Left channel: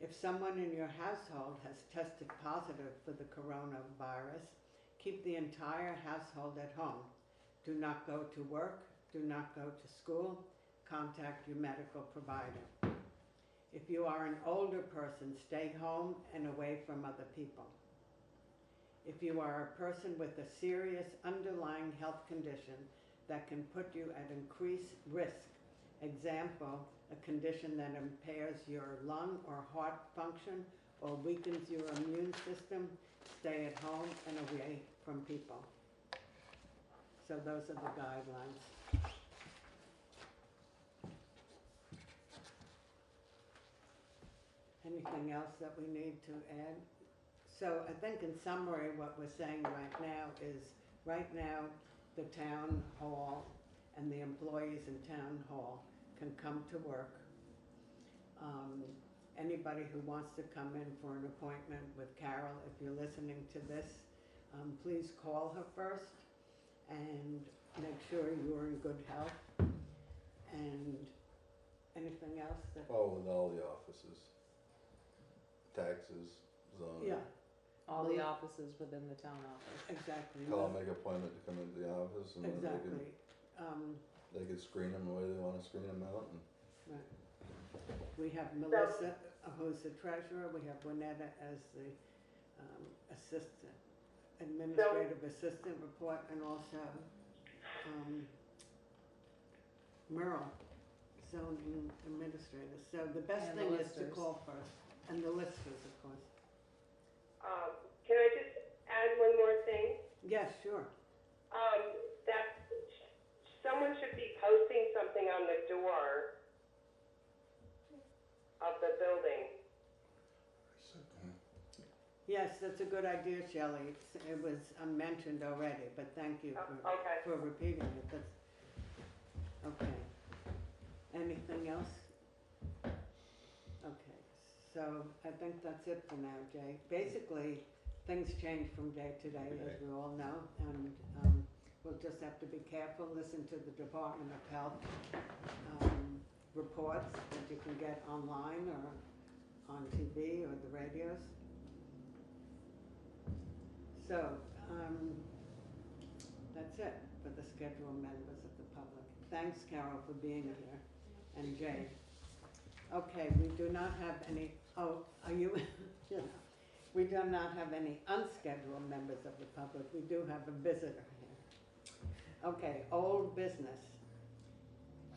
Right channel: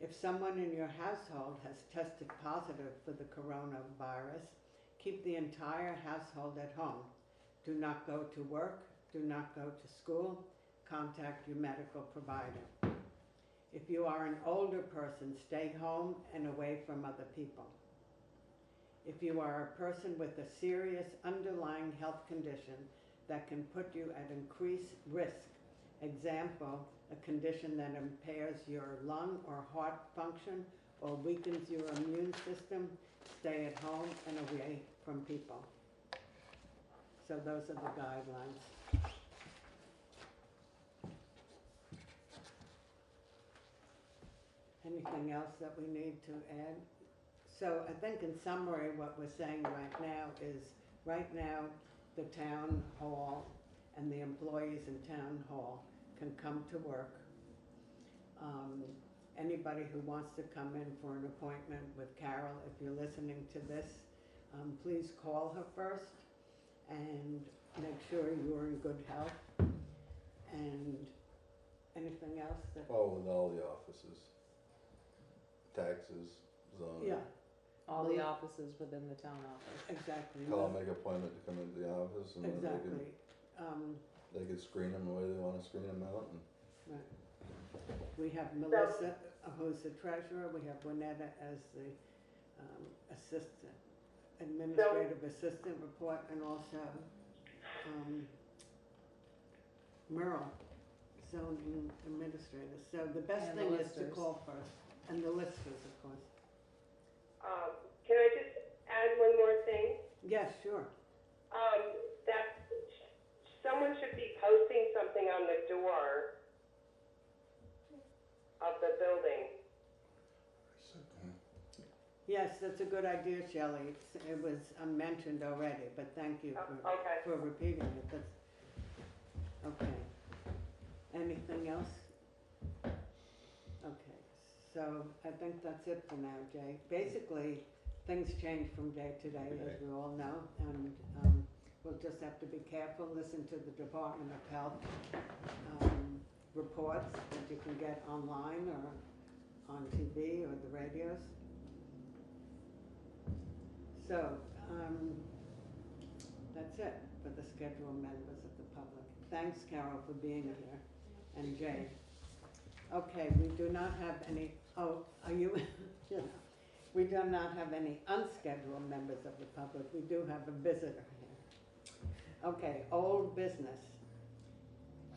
If someone in your household has tested positive for the coronavirus, keep the entire household at home. Do not go to work, do not go to school, contact your medical provider. If you are an older person, stay home and away from other people. If you are a person with a serious underlying health condition that can put you at increased risk, example, a condition that impairs your lung or heart function or weakens your immune system, stay at home and away from people. So those are the guidelines. Anything else that we need to add? So I think in summary what we're saying right now is, right now the town hall and the employees in town hall can come to work. Anybody who wants to come in for an appointment with Carol, if you're listening to this, please call her first and make sure you're in good health. And anything else that? Oh, with all the offices, taxes, zoning. Yeah, All the offices within the town office. exactly. Call, make an appointment to come into the office, and then Exactly. they can screen them the way they want to screen them out. And Right. We have Melissa, who's the treasurer, we have Winetta as the assistant, administrative assistant report, and also Merle, zoning administrator. So the best And the thing is to listers. call first, and the listers, of course. Can I just add one more thing? Yes, sure. That someone should be posting something on the door of the building. Yes, that's a good idea, Shelley. It was mentioned already, but thank you Okay. for repeating it. That's, okay. Anything else? Okay, so I think that's it for now, Jay. Basically, things change from day to day, as we all know, and we'll just have to be careful, listen to the Department of Health reports that you can get online or on TV or the radios. So, that's it for the scheduled members of the public. Thanks, Carol, for being here, and Jay. Okay, we do not have any, oh, are you, yeah. We do not have any unscheduled members of the public. We do have a visitor here. Okay, old business.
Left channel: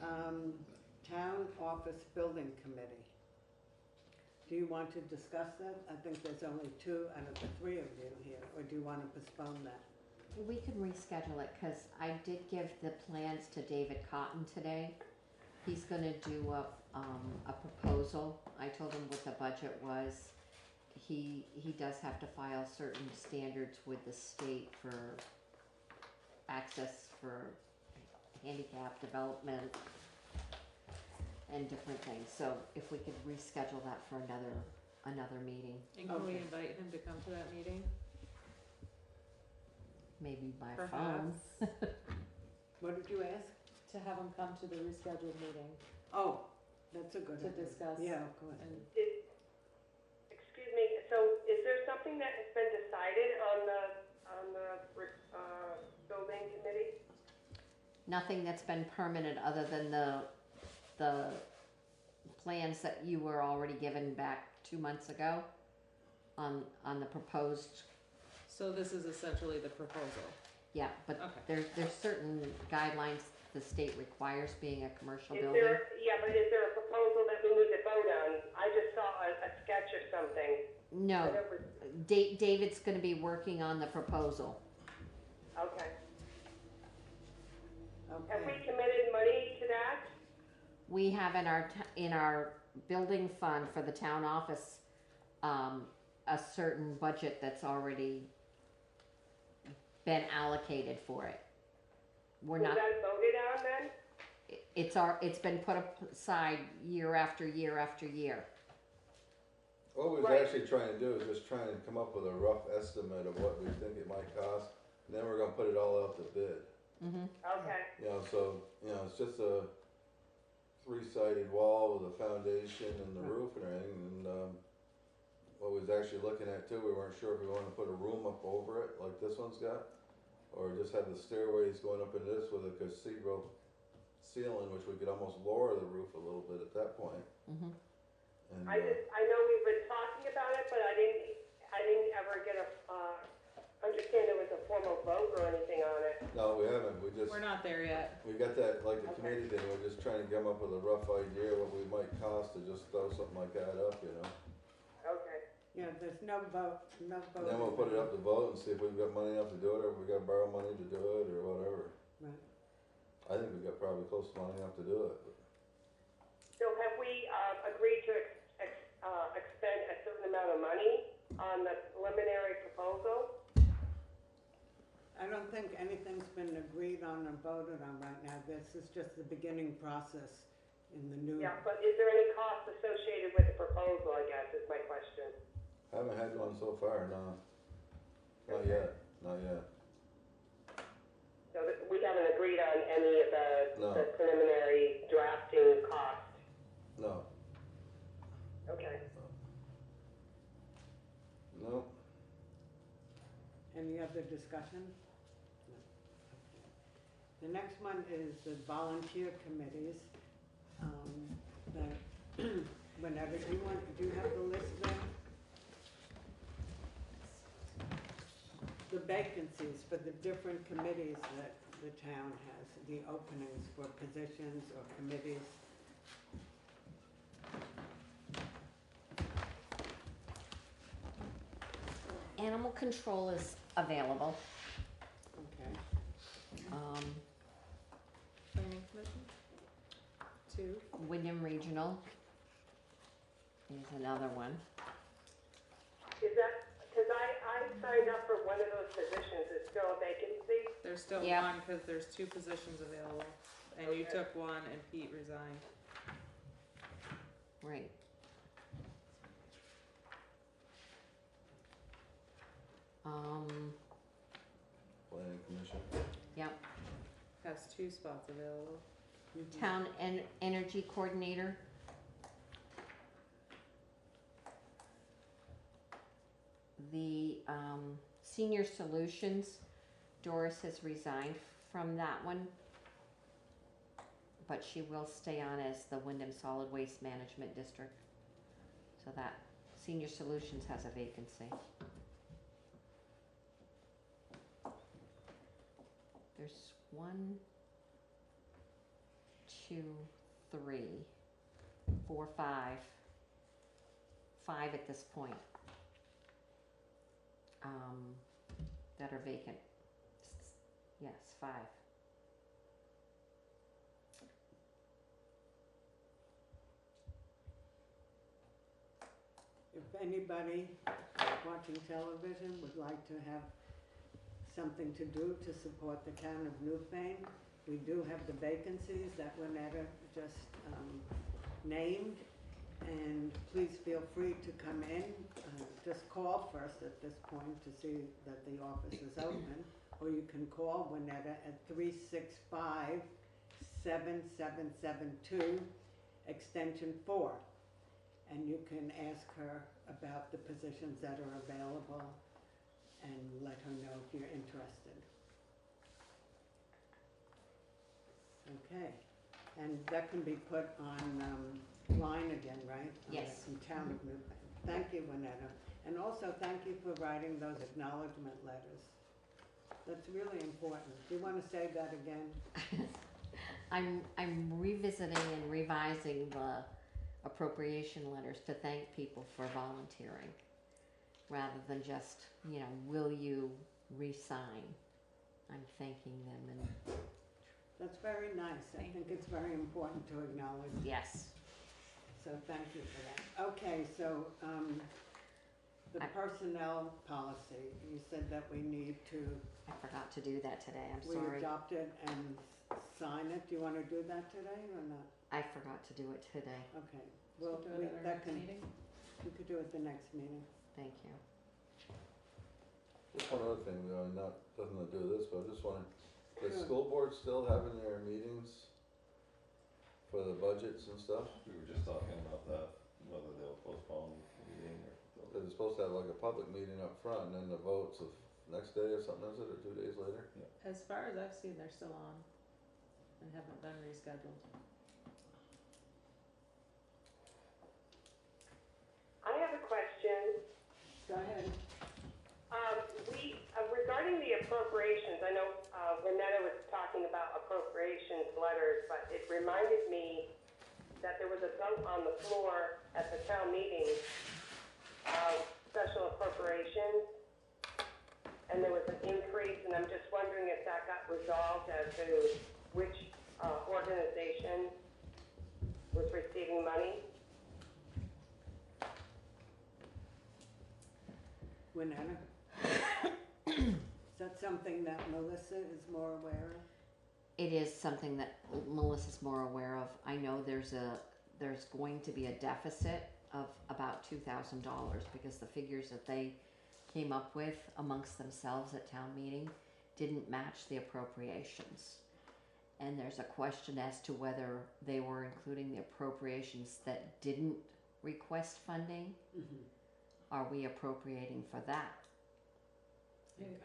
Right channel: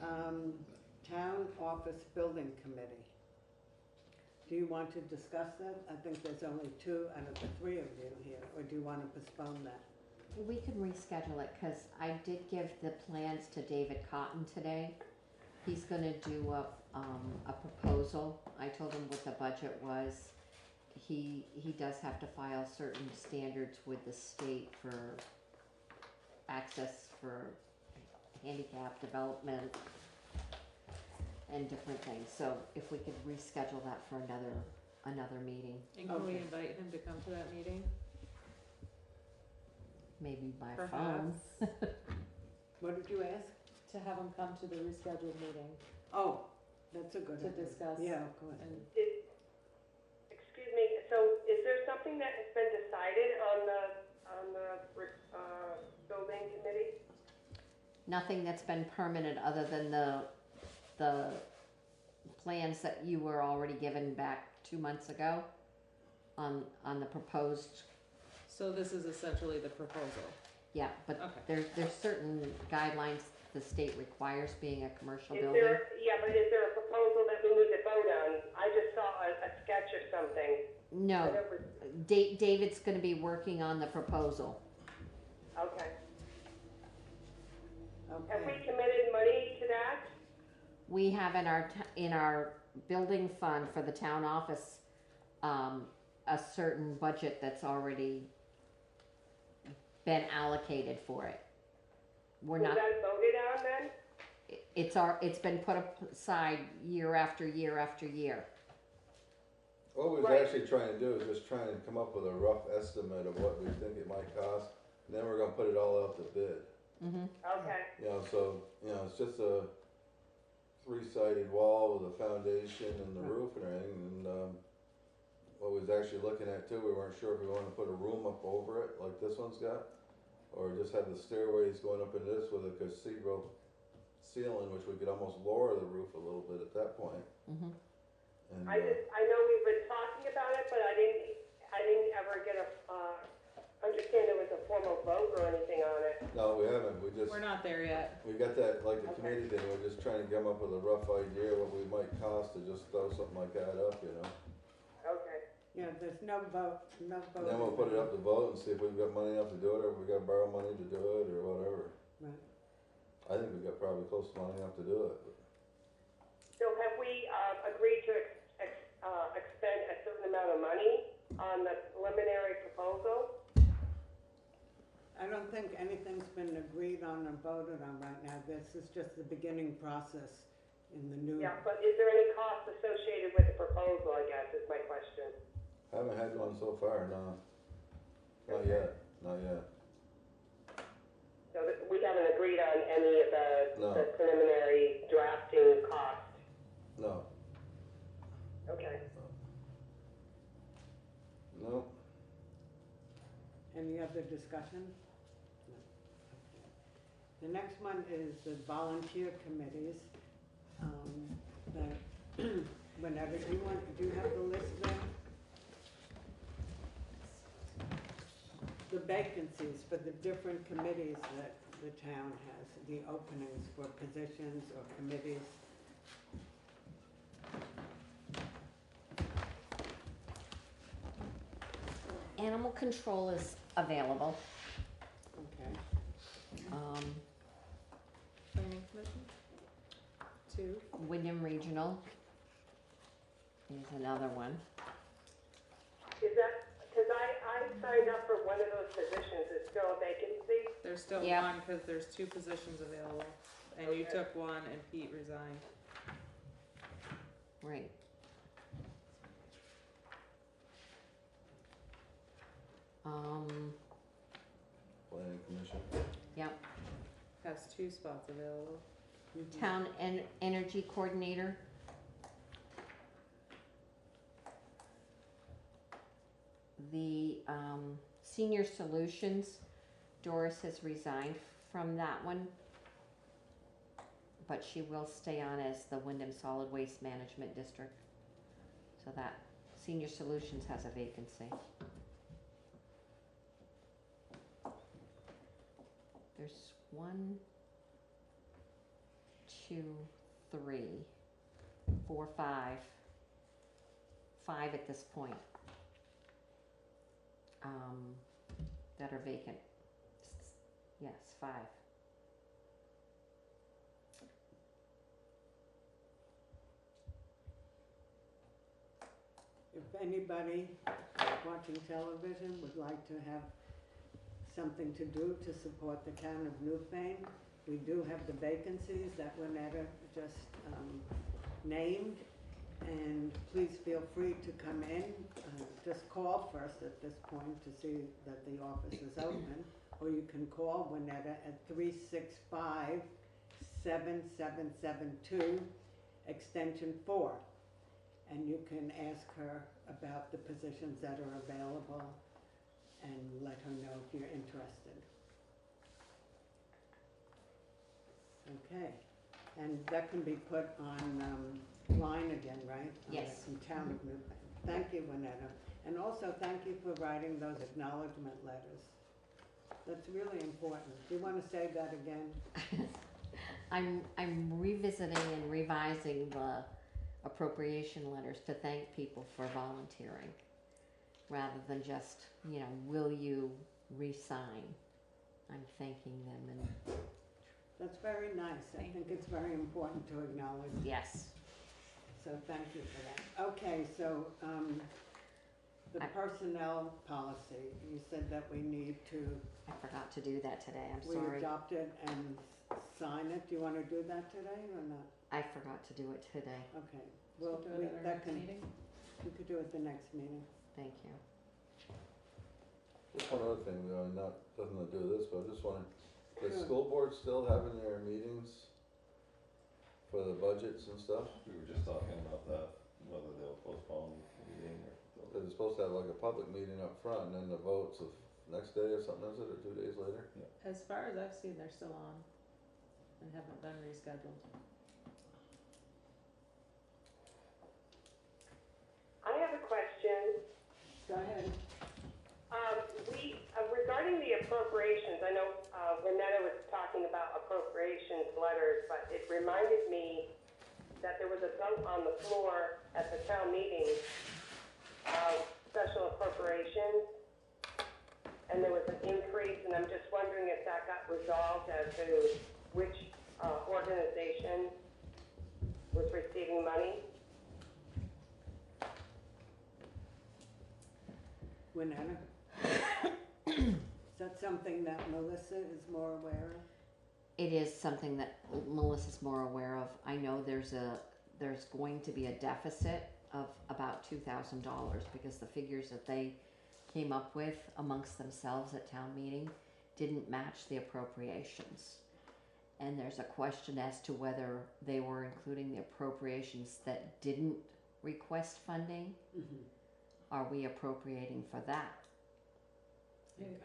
Town Office Building Committee. Do you want to discuss that? I think there's only 2 out of the 3 of you here, or do you want to postpone that? We can reschedule it, because I did give the plans to David Cotton today. He's gonna do a proposal. I told him what the budget was. He does have to file certain standards with the state for access for handicap development and different things. So if we could reschedule that for another meeting, And can we Okay. invite him to come to that meeting? maybe by phone. Perhaps. What did you ask? To have him come to the rescheduled meeting Oh, that's a good to idea. discuss. Yeah, of course. And Excuse me, so is there something that has been decided on the building committee? Nothing that's been permanent other than the plans that you were already given back 2 months ago on the proposed, so this is essentially the proposal. yeah, but Okay. there's certain guidelines the state requires being a commercial Is building. but is there a proposal that we need to vote on? I just saw a sketch or something. No, Whatever. David's gonna be working on the proposal. Okay. Have we Okay. committed money to that? We have in our building fund for the town office, a certain budget that's already been allocated for it. We're Was not, that voted on then? it's been put aside year after year after year. what we was Right. actually trying to do is just trying to come up with a rough estimate of what we think it might cost, and then we're gonna put it all out to bid. Mm-hmm. Okay. So, it's just a 3-sided wall with a foundation and the Right. roof and everything, and, actually looking at too, we weren't sure if we wanted to put a room up over it, like this one's got, or just have the stairways going up into this with a cathedral ceiling, which we could almost lower the roof a little bit at that point. Mhm. And, I know we've been talking about it, but I didn't ever get understand there was a formal vote or anything on it. no, we haven't, We're not there yet. we got that, like the Okay. committee thing, we're just trying to come up with a rough idea what we might cost to just throw something like that up, you know? Okay. Yeah, there's no vote. And then we'll put it up to vote and see if we've got money enough to do it, or if we gotta borrow money to do it, or whatever. Right. I think we've got probably close to money enough to do it. So have we agreed to expend a certain amount of money on the preliminary proposal? I don't think anything's been agreed on or voted on right now. This is just the beginning process in the new. Yeah, but is there any cost associated with the proposal, I guess, is my question. Haven't had one so far, no. Not Okay. yet, not yet. So we haven't agreed on any of No. the preliminary drafting cost? No, Okay. no, Any other discussion? No. Okay. The next one is the volunteer committees. Whenever, do you have the list there? The vacancies for the different committees that the town has, the openings for positions or committees. Animal control is available. Okay. Planning commission? 2. Wyndham Regional is another one. Is that, because I signed up for one of those positions, is still a vacancy? There's still Yeah. one, cause there's 2 positions available, and you Okay. took one and Pete resigned. Right. planning commission. Yep. Has 2 spots available. Town energy coordinator. The senior solutions, Doris has resigned from that one, but she will stay on as the Wyndham Solid Waste Management District. So that senior solutions has a vacancy. There's 1, 2, 3, 4, 5. 5 at this point. That are vacant. Yes, 5. If anybody watching television would like to have something to do to support the town of Newfane, we do have the vacancies that Lynetta just named, and please feel free to come in. Just call first at this point to see that the office is open, or you can call Lynetta at 365-7772, extension 4. And you can ask her about the positions that are available and let her know if you're interested. Okay, and that can be put on line again, right? Yes. In Town of Newfane. Thank you, Lynetta. And also, thank you for writing those acknowledgement letters. That's really important. Do you want to say that again? I'm revisiting and revising the appropriation letters to thank people for volunteering, rather than just, will you resign? I'm thanking them, and That's very nice. I think it's very important to acknowledge. yes. So thank you for that. Okay, so the personnel policy, you said that we need to, I forgot to do that today, I'm we sorry. adopt it and sign it. Do you want to do that today or not? I forgot to do it today, Okay, well, So do it at our that next can, meeting? we could do it the next meeting. thank you. Just one other thing, doesn't do this, but I just wondering, is Sure. school board still having their meetings for the budgets and stuff? We were just talking about that, whether they'll postpone the meeting or. Cause they're supposed to have like a public meeting up front and then the votes of next day or something, is it, or 2 days later? As far as I've seen, they're still on and haven't been rescheduled. I have a question. Go ahead. Regarding the appropriations, I know, Renetta was talking about appropriations letters, but it reminded me that there was a vote on the floor at the town meeting, special appropriations, and there was an increase, and I'm just wondering if that got resolved as to which, organization was receiving money. Winona? Is that something that Melissa is more aware of? It is something that Melissa's more aware of. I know there's going to be a deficit of about $2,000 because the figures that they came up with amongst themselves at town meeting didn't match the appropriations. And there's a question as to whether they were including the appropriations that didn't request funding. Mm-hmm. Are we appropriating for that?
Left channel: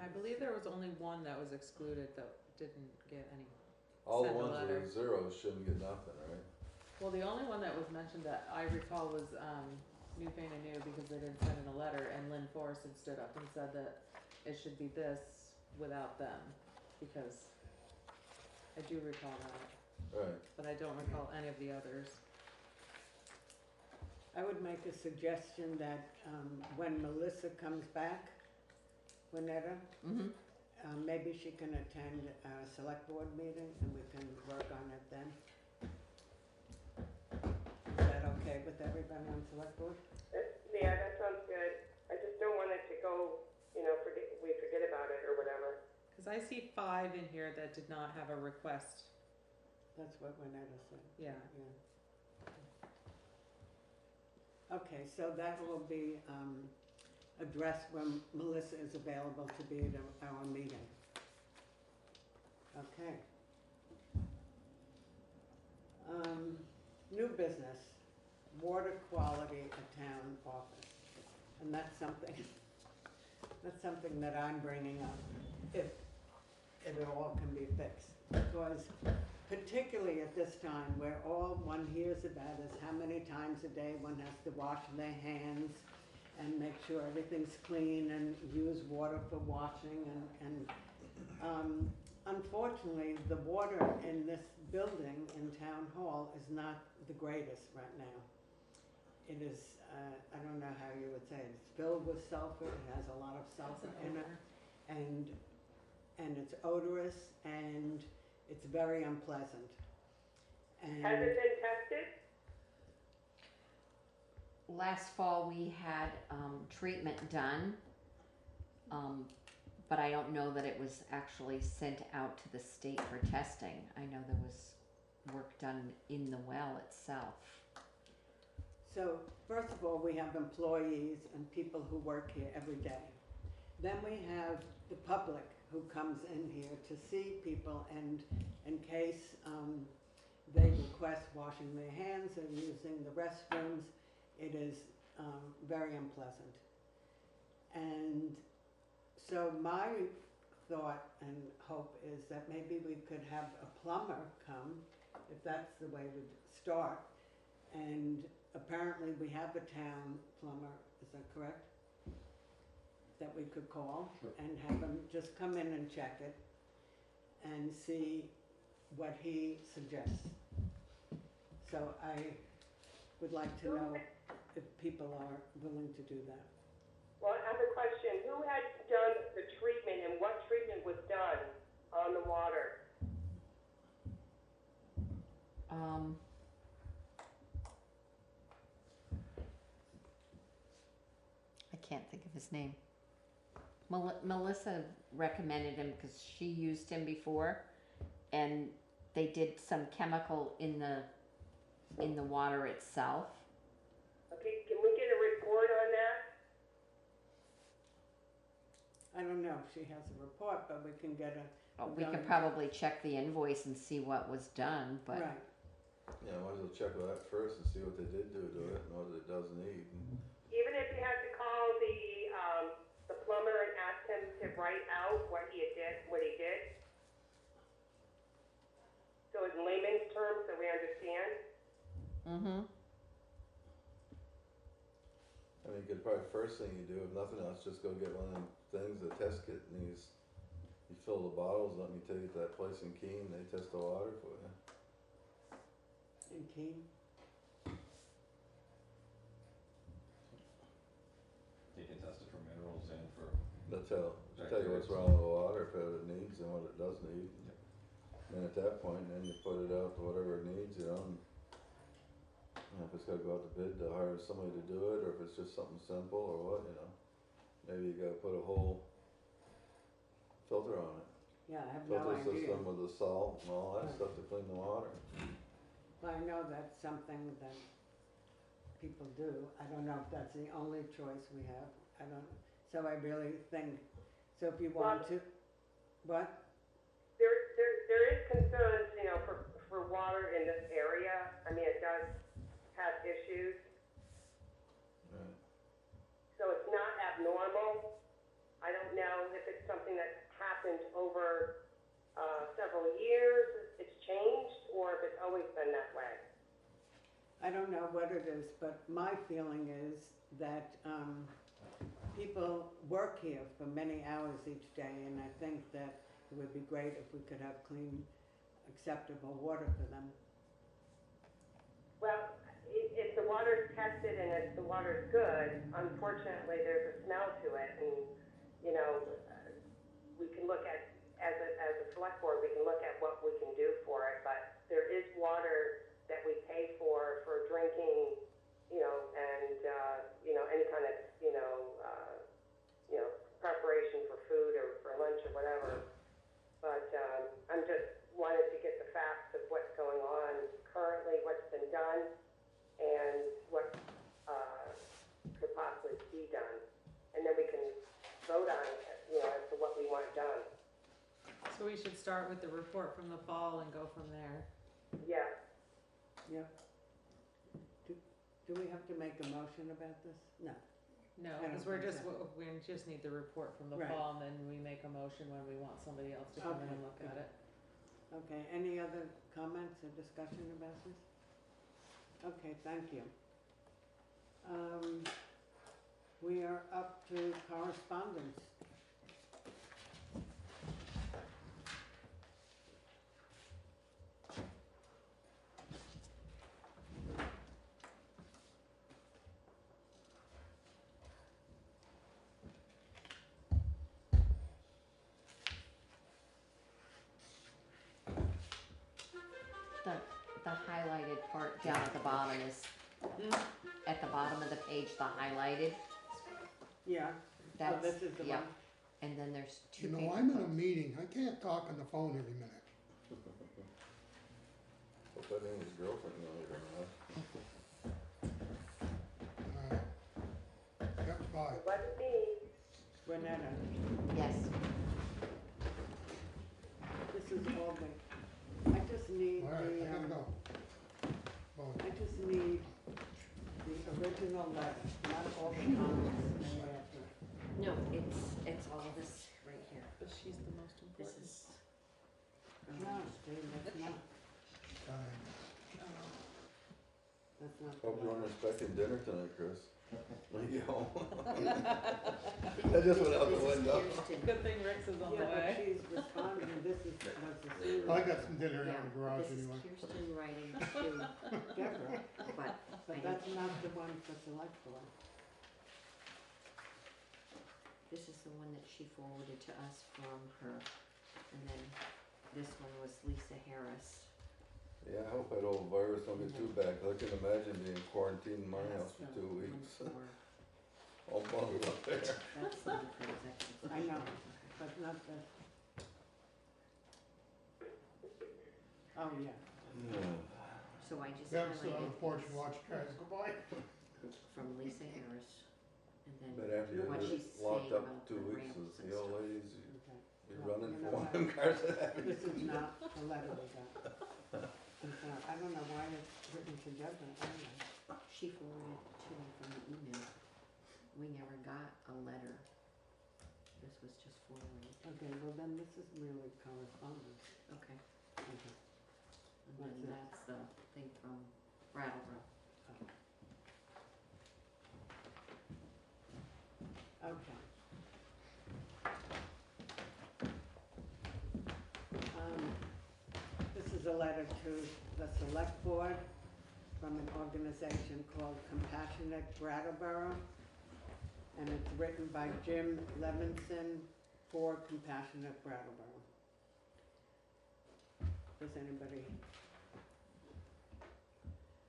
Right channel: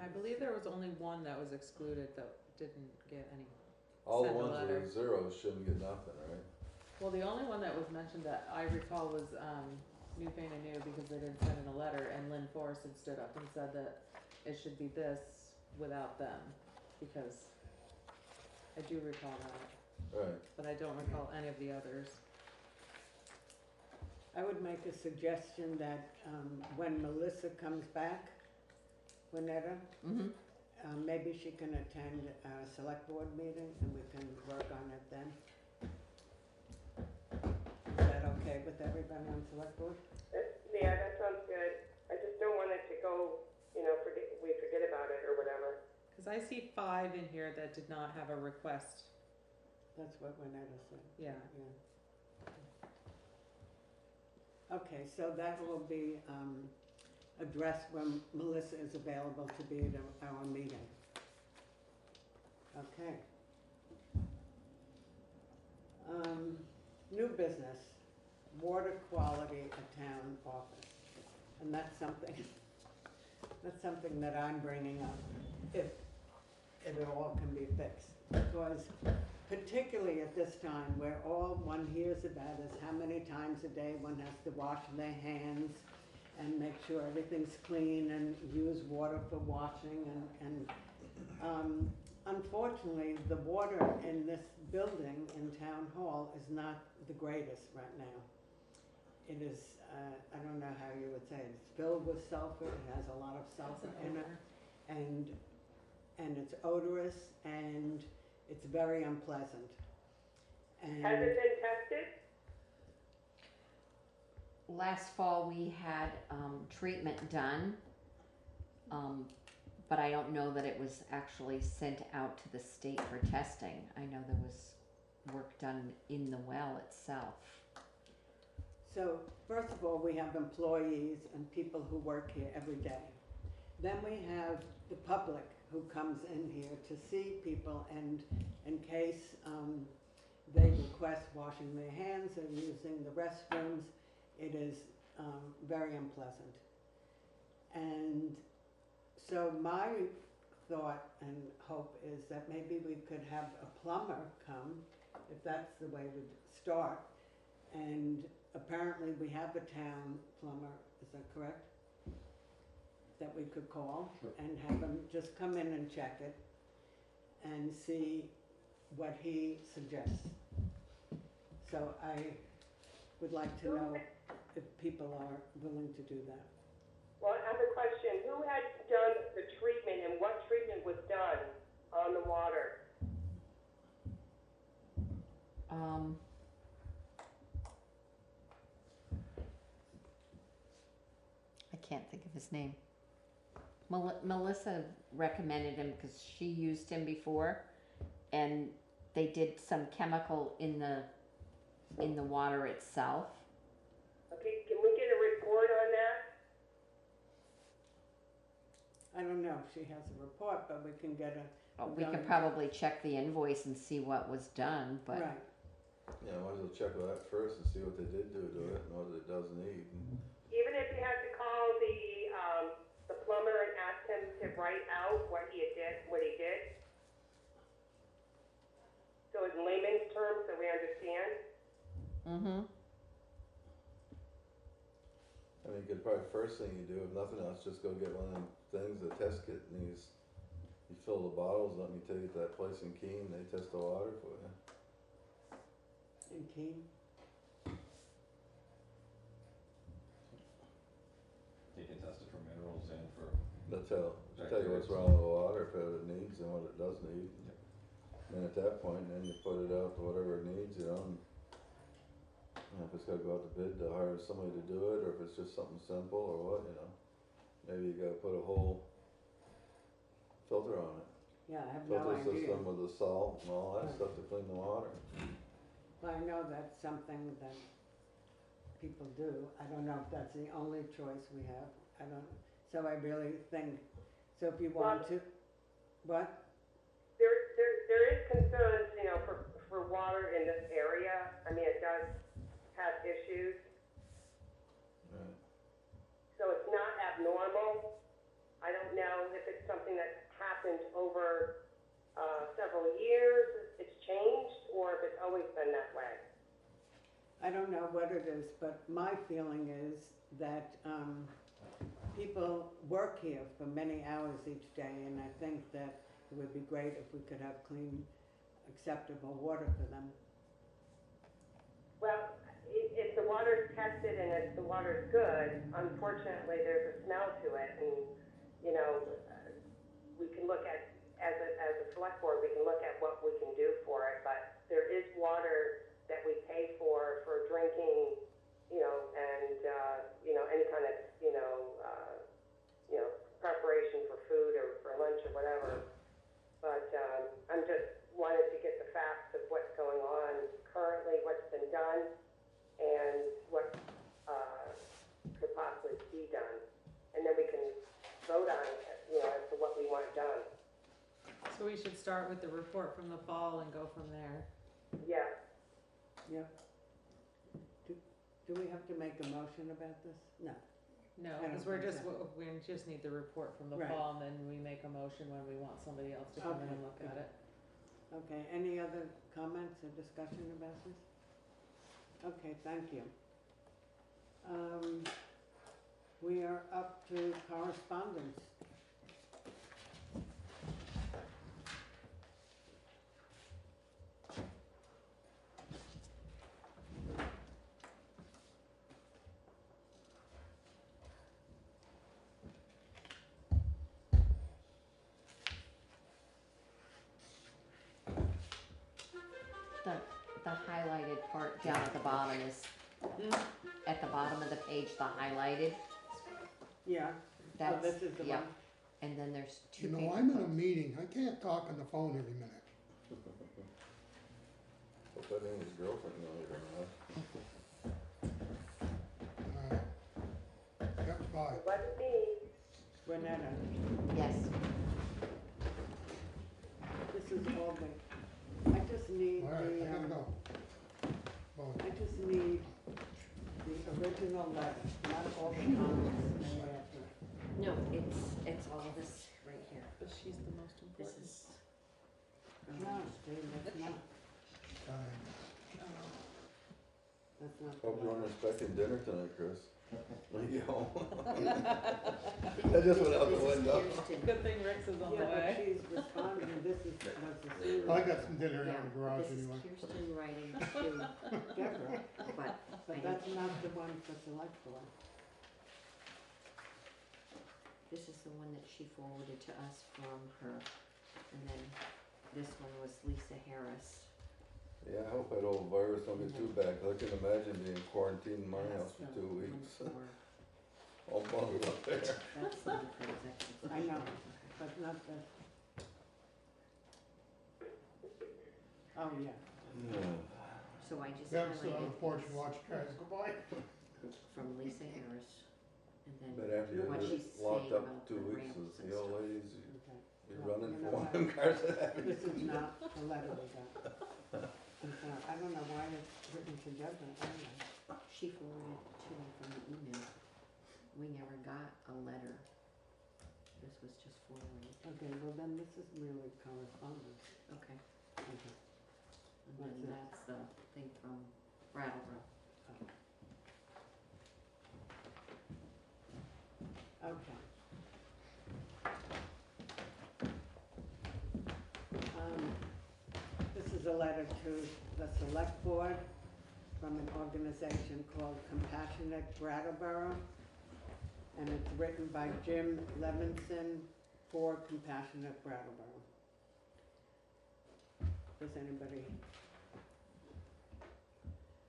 I believe there was only one that was excluded that didn't get any. All the Send a ones letter. with zeros shouldn't get nothing, right? Well, the only one that was mentioned that I recall was New Pain and New because they didn't send in a letter, and Lynn Forrest had stood up and said that it should be this without them, because I do recall that, Right. but I don't recall any of the others. I would make a suggestion that when Melissa comes back, Winetta, Mm-hmm. maybe she can attend a select board meeting and we can work on it then. Is that okay with everybody on select board? Yeah, that sounds good. I just don't want it to go, we forget about it or whatever. Because I see 5 in here that did not have a request. That's what Winetta said. Yeah. Okay, so that will be addressed when Melissa is available to be at our meeting. Okay. New business, water quality at town office. And that's something that I'm bringing up, if it all can be fixed. Because particularly at this time, where all one hears about is how many times a day one has to wash their hands and make sure everything's clean and use water for washing and unfortunately, the water in this building in Town Hall is not the greatest right now. It is, I don't know how you would say it, it's filled with sulfur, it has a lot of sulfur in it, and it's odorous, and it's very unpleasant. And Has it been tested? Last fall we had treatment done, but I don't know that it was actually sent out to the state for testing. I know there was work done in the well itself. so, first of all, we have employees and people who work here every day. Then we have the public who comes in here to see people, and in case they request washing their hands or using the restrooms, it is very unpleasant. And so my thought and hope is that maybe we could have a plumber come, if that's the way we start. And apparently we have a town plumber, is that correct? That we could call and have him just come in and check it and see what he suggests. So I would like to know if people are willing to do that. Well, I have a question. Who had done the treatment and what treatment was done on the water? I can't think of his name. Melissa recommended him because she used him before, and they did some chemical in the water itself. Okay, can we get a report on that? I don't know if she has a report, but we can get We could probably check the invoice and see what was done, but right. Yeah, might as well check with that first and see what they did do to it and what it does need. Even if you have to call the understand? Mm-hmm. I mean, you could probably, first thing you do, if nothing else, just go get one of them things, a test kit, and you fill the bottles up, and you take it to that place in Keene, they test the water for you. In Keene? They can test it for minerals and for, They'll tell you what's wrong with the water, if it needs and what it does need. And at that point, then you put it out to whatever it needs, you know, and if it's gotta go out to bid to hire somebody to do it, or if it's just something simple or what, you know. Maybe you gotta put a whole filter on it. Yeah, I have no Filter idea. system with the salt and all that Right. stuff to clean the water. Well, I know that's something that people do. I don't know if that's the only choice we have. I don't, so I really think, so if you want to, what? There is concerns, you know, for water in this area. I mean, it does have issues, Right. so it's not abnormal. I don't know if it's something that's happened over, several years, it's changed, or if it's always been that way. I don't know what it is, but my feeling is that people work here for many hours each day, and I think that it would be great if we could have clean, acceptable water for them. Well, if the water's tested and if the water's good, unfortunately, there's a smell to it, and, you know, we can look at, as a select board, we can look at what we can do for it, but there is water that we pay for drinking, you know, and, you know, any kind of, preparation for food or for lunch or whatever. But, I'm just wanted to get the facts of what's going on currently, what's been done, and what, could possibly be done. And then we can vote on it, you know, as to what we want done. So we should start with the report from the fall and go from there. Yeah. Yeah. Do we have to make a motion about this? No. No, I don't because we're think just, so. we just need the report from the Right. fall, and then we make a motion when we want somebody else to come in and Okay, look good. at it. Okay, any other comments or discussion about this? Okay, thank you. We are up to correspondence. The highlighted part down at the bottom is, at the bottom of the page, the highlighted, Yeah, oh, that's, this is the yeah. one. And then there's two You paper know, I'm in a clips. meeting, I can't talk on the phone every minute. Hope that ain't his girlfriend later, huh? Yep, bye. It wasn't me. Renetta, Yes, this is all I just need All right, I gotta the, go. Bye. I just need the original letter, not all the comments made after. no, it's all this right here. But she's the most This important. is, No, Steve, that's not, Bye. that's not the Hope you letter. weren't expecting dinner tonight, Chris. When you get home. I just went out the this is window. Kirsten. Good thing Rick's is on the Yeah, but way. she's responding, this is, was the sewer. I got some dinner Yeah, out in the garage this is anyway. Kirsten writing to, Deborah, but but that's not the one for select board. this is the one that she forwarded to us from her. And then this one was Lisa Harris. Yeah, I hope that old virus don't get too bad, 'cause I can imagine being quarantined in my house That's for 2 the weeks. one for- All bundled up there. That's the one for executive I know. session. But not the. Oh, yeah. So I just Then sit on the highlighted porch and watch you guys go by. from Lisa Harris. And But then after what you're she's locked saying up about 2 the weeks, ramps the and old stuff. ladies, Okay. you're Well, running you for know one what? of them cars that have This is not the letter we got. I'm sorry, I don't know why it's written together, anyway. She forwarded it to me from the email. We never got a letter. This was just forwarded. Okay, well then this is really correspondence. Okay. Okay. And What's then this? that's the thing from Brattleboro. Okay. This is a letter to the select board from an organization called Compassionate Brattleboro. And it's written by Jim Levinson for Compassionate Brattleboro. Does anybody?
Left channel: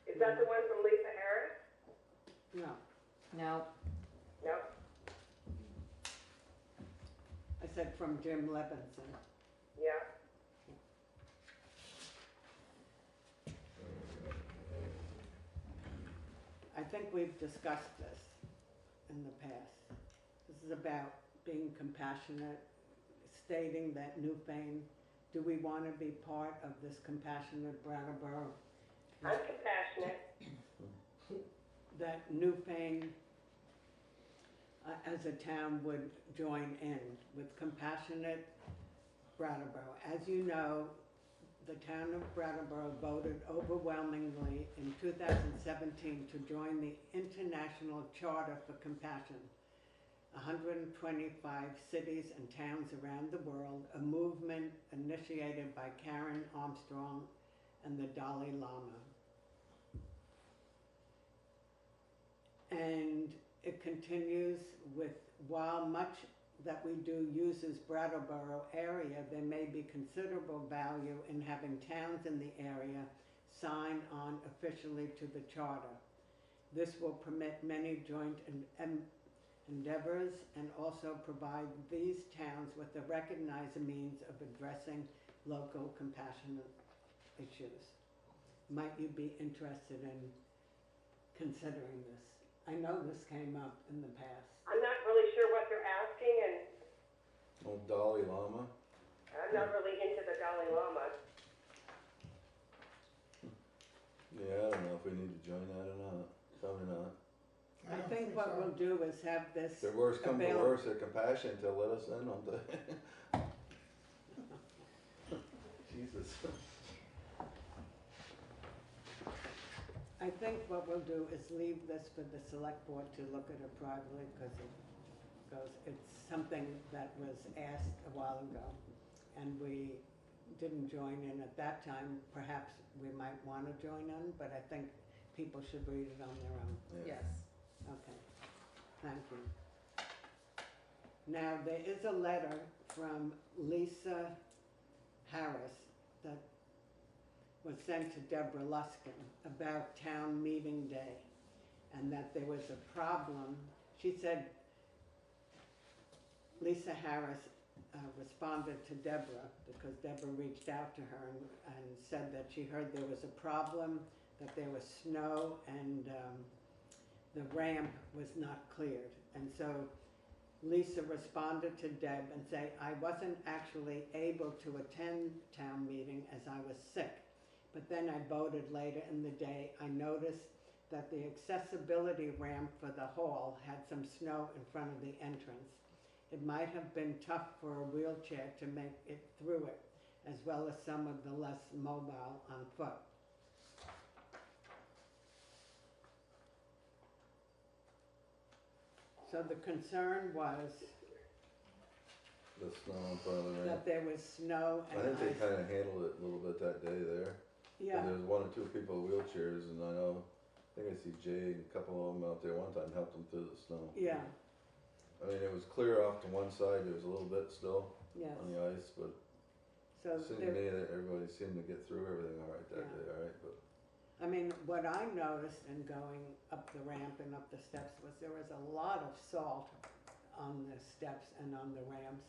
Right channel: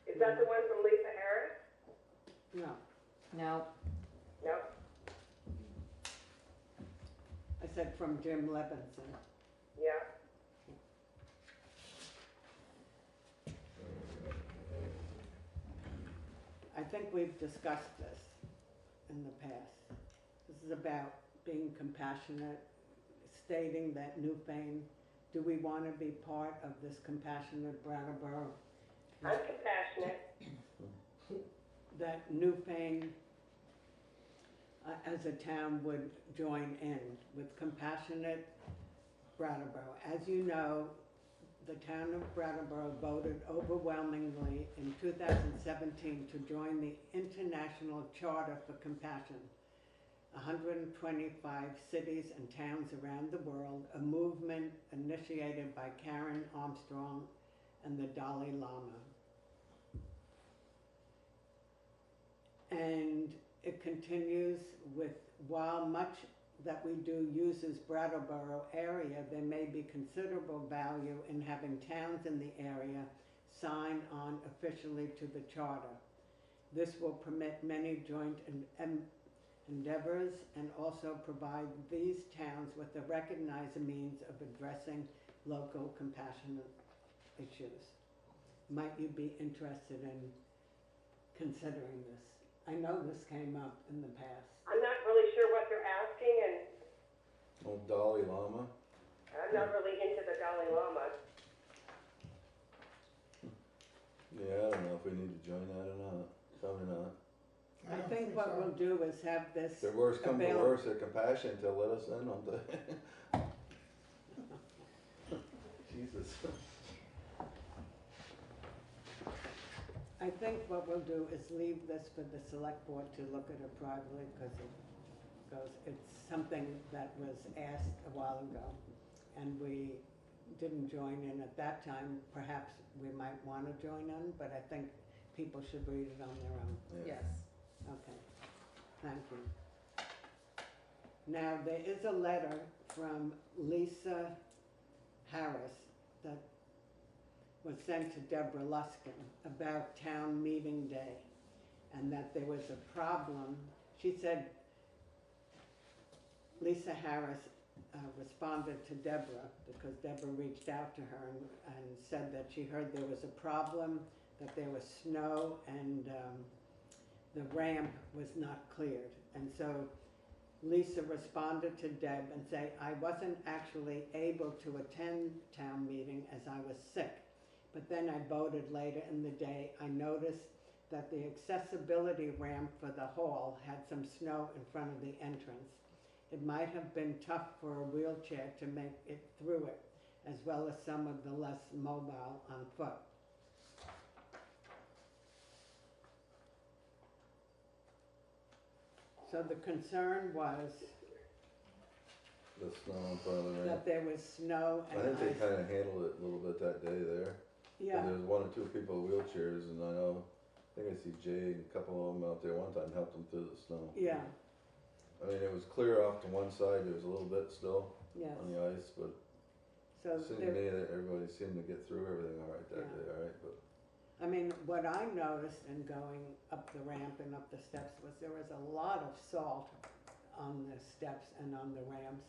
Is that the one from Lisa Harris? No, No, No? I said from Jim Levinson. Yeah. I think we've discussed this in the past. This is about being compassionate, stating that Newfane, do we want to be part of this Compassionate Brattleboro? I'm compassionate. That Newfane, as a town, would join in with Compassionate Brattleboro. As you know, the town of Brattleboro voted overwhelmingly in 2017 to join the International Charter for Compassion. 125 cities and towns around the world, a movement initiated by Karen Armstrong and the Dalai Lama. And it continues with, while much that we do uses Brattleboro area, there may be considerable value in having towns in the area sign on officially to the charter. This will permit many joint endeavors and also provide these towns with a recognized means of addressing local compassionate issues. Might you be interested in considering this? I know this came up in the past. I'm not really sure what they're asking, and Oh, Dalai Lama? I'm not really into the Dalai Lama. Yeah, I don't know if we need to join that or not. Probably not. I don't think what so. we'll do is have this If the worst come to available. worst, at Compassion to let us in on the. Jesus. I think what we'll do is leave this for the select board to look at it privately, because it's something that was asked a while ago, and we didn't join in at that time. Perhaps we might want to join in, but I think people should read it on their own. Yeah. Yes. Okay, thank you. Now, there is a letter from Lisa Harris that was sent to Deborah Luskin about town meeting day, and that there was a problem. She said, Lisa Harris responded to Deborah, because Deborah reached out to her and said that she heard there was a problem, that there was snow, and the ramp was not cleared. And so Lisa responded to Deb and said, I wasn't actually able to attend town meeting as I was sick. But then I voted later in the day. I noticed that the accessibility ramp for the hall had some snow in front of the entrance. It might have been tough for a wheelchair to make it through it, as well as some of the less mobile on foot. So the concern was The snow in front of the ramp. that there was snow I and think they ice. kinda handled it a little bit that day there. Yeah, And there was one or two people with wheelchairs, and I know, I think I see Jay and a couple of them out there one time helped them through the snow. yeah, I mean, it was clear off to one side, there was a little bit still yes. on the ice, but So it seemed to there, me that everybody seemed to get through everything all right that Yeah. day, all right, but. I mean, what I noticed in going up the ramp and up the steps was there was a lot of salt on the steps and on the ramps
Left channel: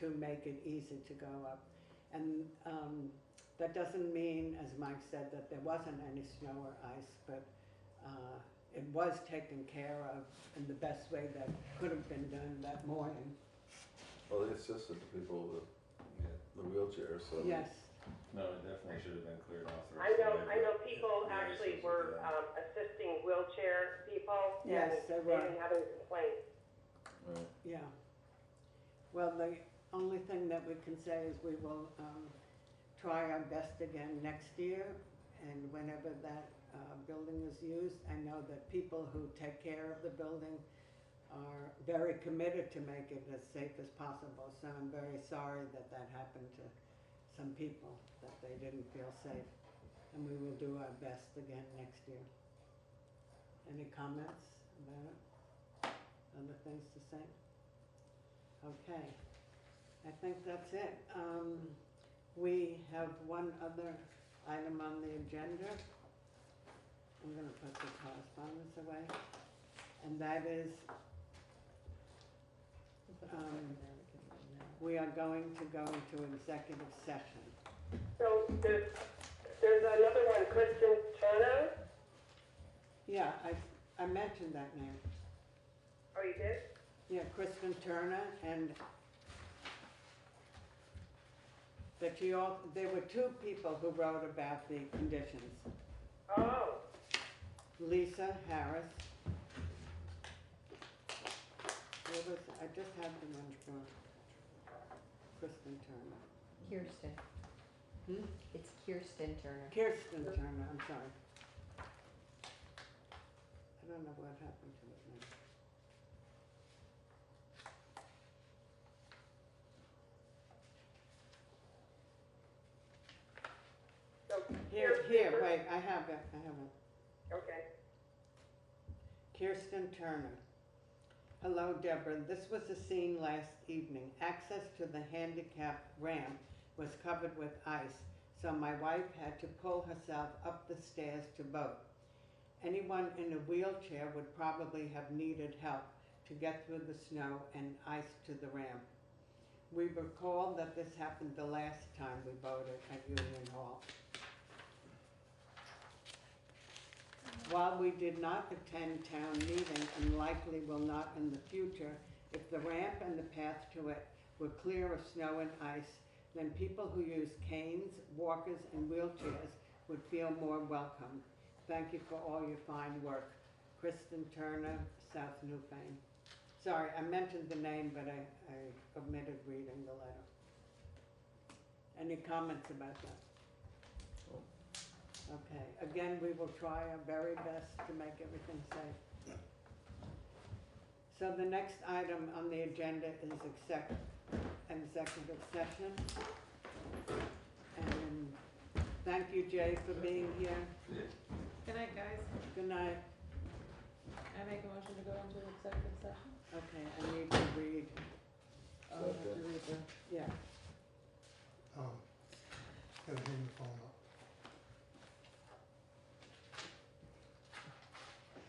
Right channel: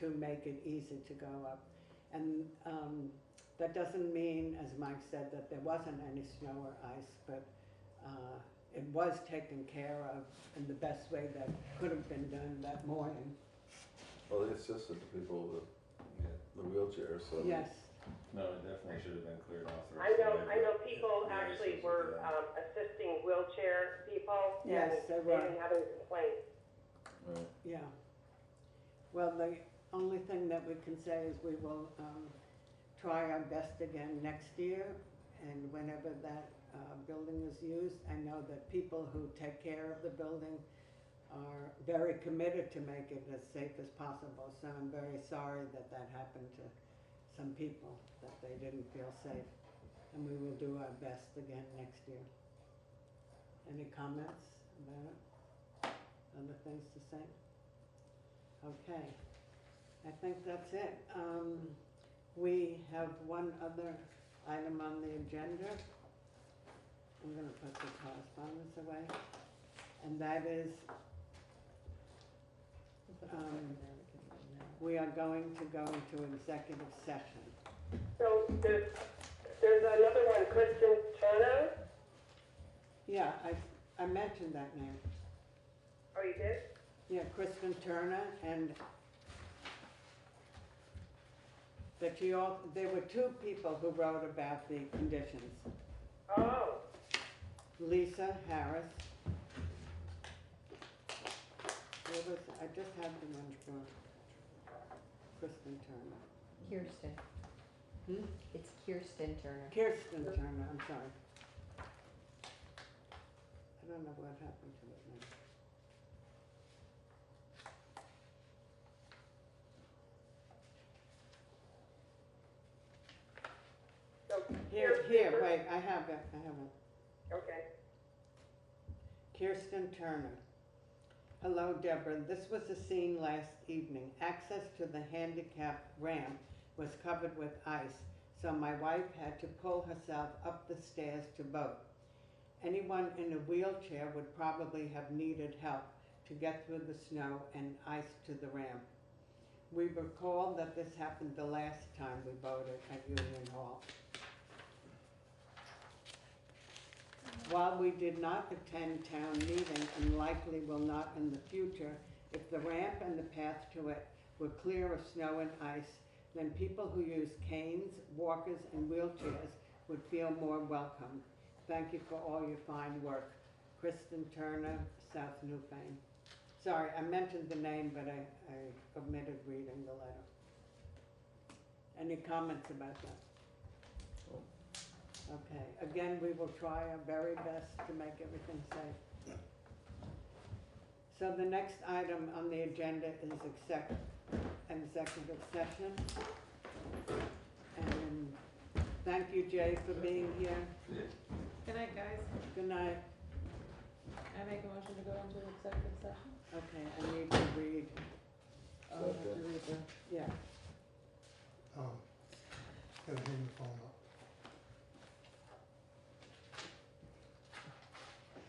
to make it easy to go up. And that doesn't mean, as Mike said, that there wasn't any snow or ice, but it was taken care of in the best way that could have been done that morning. Well, they assisted the people with Yeah. the wheelchairs, so. Yes, No, it definitely should have been cleared off the I rest of know, the I way, know but people the ice actually was were, bad. assisting wheelchair people, and Yes, they they were. didn't have any complaints. Right. yeah. Well, the only thing that we can say is we will try our best again next year, and whenever that building is used, I know that people who take care of the building are very committed to make it as safe as possible, so I'm very sorry that that happened to some people, that they didn't feel safe, and we will do our best again next year. Any comments about it? Other things to say? Okay, I think that's it. We have one other item on the agenda. I'm gonna put the correspondence away, and that is, we are going to go into executive session. So there's another one, Kristen Turner. Yeah, I mentioned that name. Oh, you did? Yeah, Kristen Turner, and that there were two people who wrote about the conditions. Oh, Lisa Harris. I just had the one for Kristen Turner. Kirsten. Hmm? It's Kirsten Turner. Kirsten Turner, I'm sorry. I don't know what happened to it now. so Here, wait, I have it. Okay. Kirsten Turner. Hello, Deborah. This was the scene last evening. Access to the handicap ramp was covered with ice, so my wife had to pull herself up the stairs to vote. Anyone in a wheelchair would probably have needed help to get through the snow and ice to the ramp. We recall that this happened the last time we voted at Union Hall. While we did not attend town meeting and likely will not in the future, if the ramp and the path to it were clear of snow and ice, then people who use canes, walkers, and wheelchairs would feel more welcome. Thank you for all your fine work. Kristen Turner, South Newfane. Sorry, I mentioned the name, but I omitted reading the letter. Any comments about that? Okay, again, we will try our very best to make everything safe. So the next item on the agenda is executive session. And thank you, Jay, for being here. Good night, guys. Good night. I make a motion to go into executive session. Okay, I need to read, Oh, I have to read the. yeah. Gotta hang the phone up.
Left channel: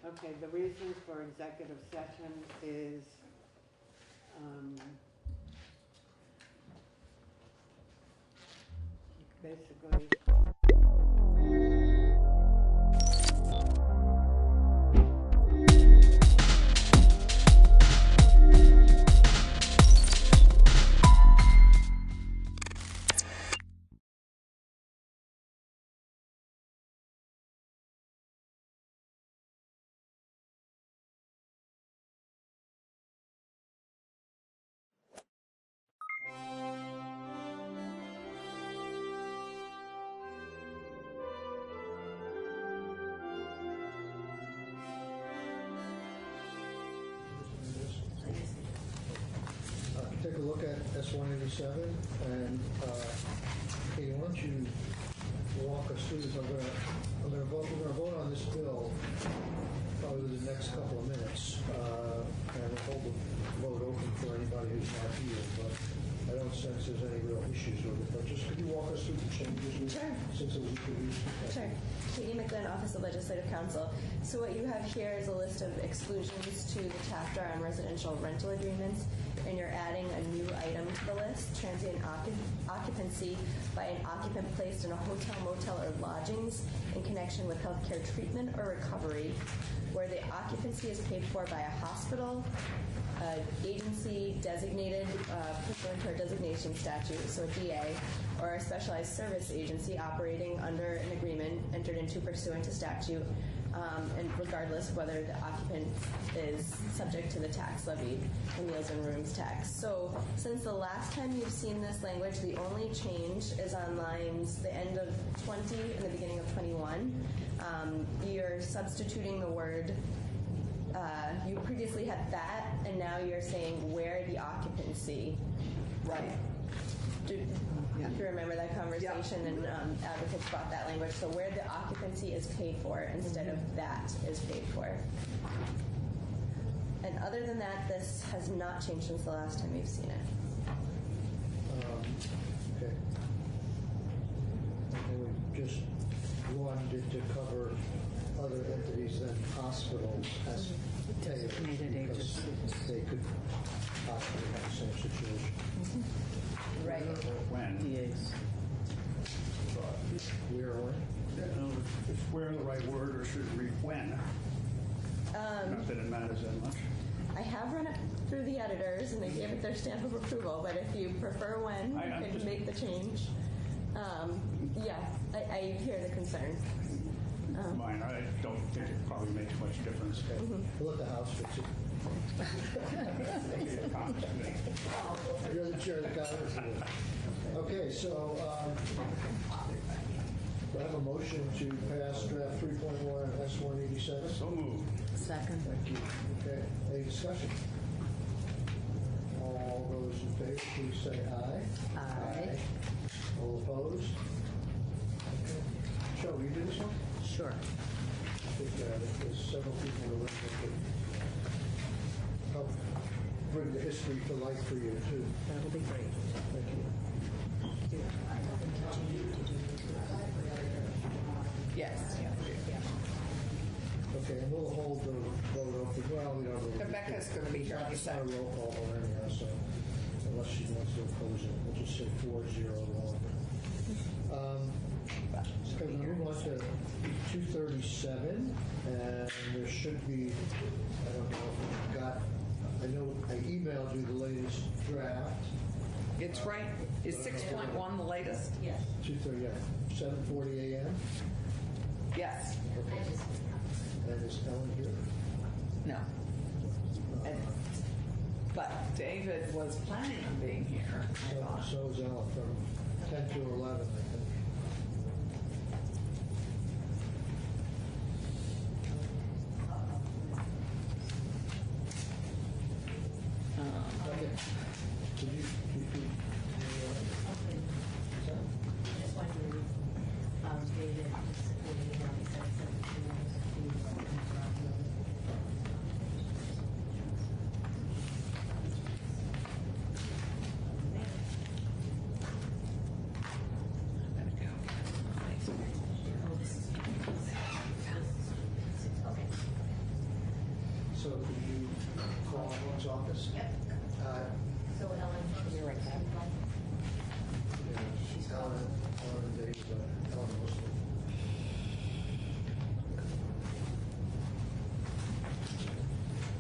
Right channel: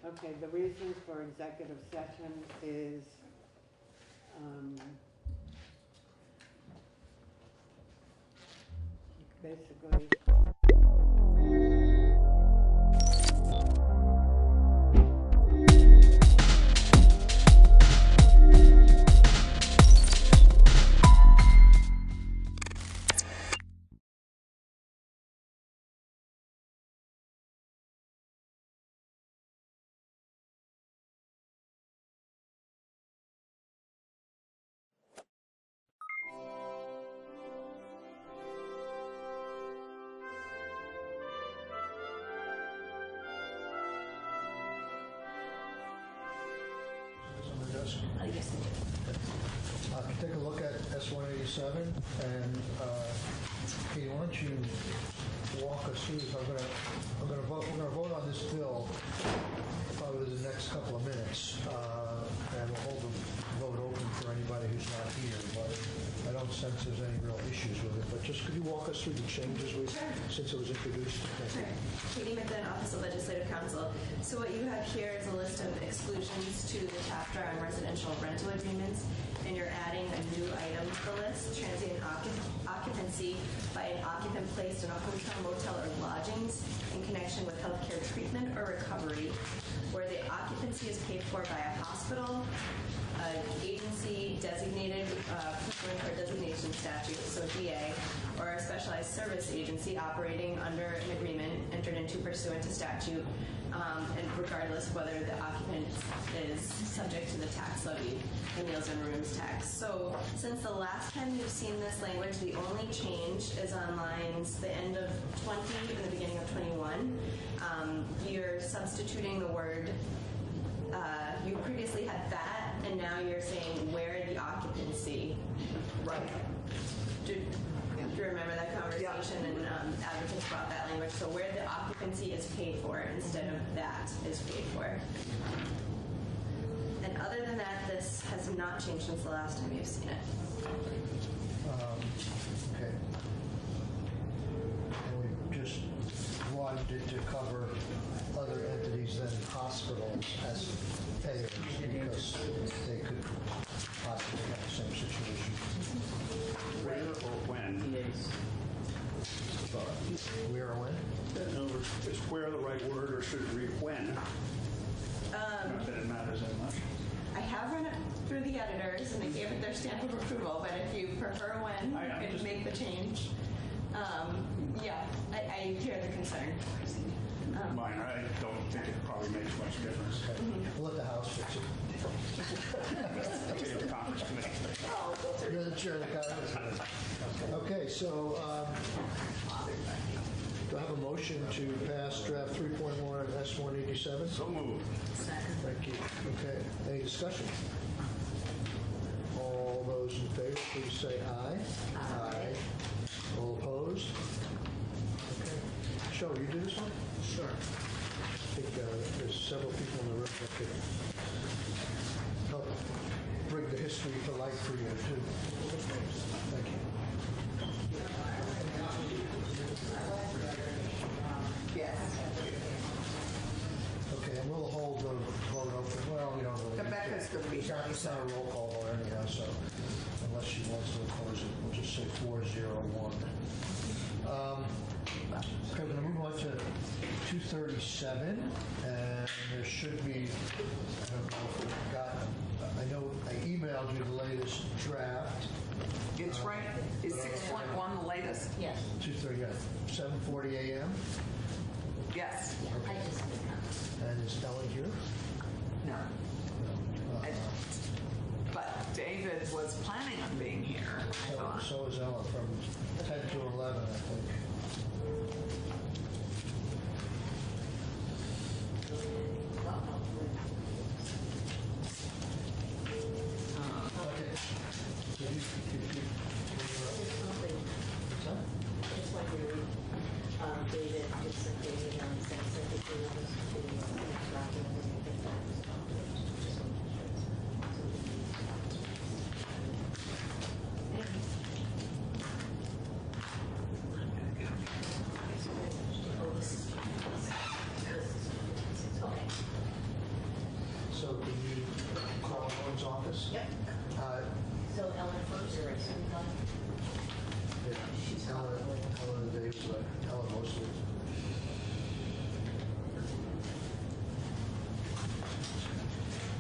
Okay, the reason for executive session is, basically, Take a look at S-187, and Kate, why don't you walk us through this? We're gonna vote on this bill over the next couple of minutes, and we'll hold the vote open for anybody who's not here, but I don't sense there's any real issues with it, but just could you walk us through the changes since it was introduced? Sure. Katie Mitten, Office of Legislative Counsel. So what you have here is a list of exclusions to the chapter on residential rental agreements, and you're adding a new item to the list, transient occupancy by an occupant placed in a hotel, motel, or lodgings in connection with healthcare treatment or recovery, where the occupancy is paid for by a hospital, an agency designated pursuant to a designation statute, so DA, or a specialized service agency operating under an agreement entered into pursuant to statute and regardless whether the occupant is subject to the tax levy, the meals and rooms tax. So since the last time you've seen this language, the only change is on lines, the end of 20 and the beginning of 21. You're substituting the word, you previously had that, and now you're saying where the occupancy. Right. Do you remember that conversation? And advocates brought that language. So where the occupancy is paid for instead of that is paid for. And other than that, this has not changed since the last time you've seen it. Okay. And we just wanted it to cover other entities than hospitals as payers because they could possibly have the same situation. Right. When? Where or when? In other words, is where the right word, or should it read when? Not that it matters that much. I have run it through the editors and they gave it their stamp of approval, but if you prefer when, I you could just- make the change. Yeah, I hear the concern. Mine, I don't think it probably makes much difference. Let the House fix it. Leave the comments to me. You're the chair of the Congress. Okay, so do I have a motion to pass draft 3.1 S-187? So moved. Second. Thank you. Okay, any discussion? All those in favor, please say aye. Aye. All opposed? Shall we do this one? Sure. I think there's several people in the room that could help bring the history to life for you, too. Thank you. Yes. Okay, and we'll hold the vote open. Well, you know, Rebecca's going to be here. it's not a roll call vote anyhow, so unless she wants to oppose it, we'll just say 401. Okay, we're going to move on to 237, and there should be, I don't know if we got, I know I emailed you the latest draft. It's right. Is 6.1 the latest? Yes. 230, yeah, 7:40 a.m. Yes. And is Ellen here? No. But David was planning on being here, I thought. So is Ellen from 10 to 11, I think. So did you call Ellen's office? Yep. So Ellen first, right? She's Ellen and Dave, but Ellen mostly.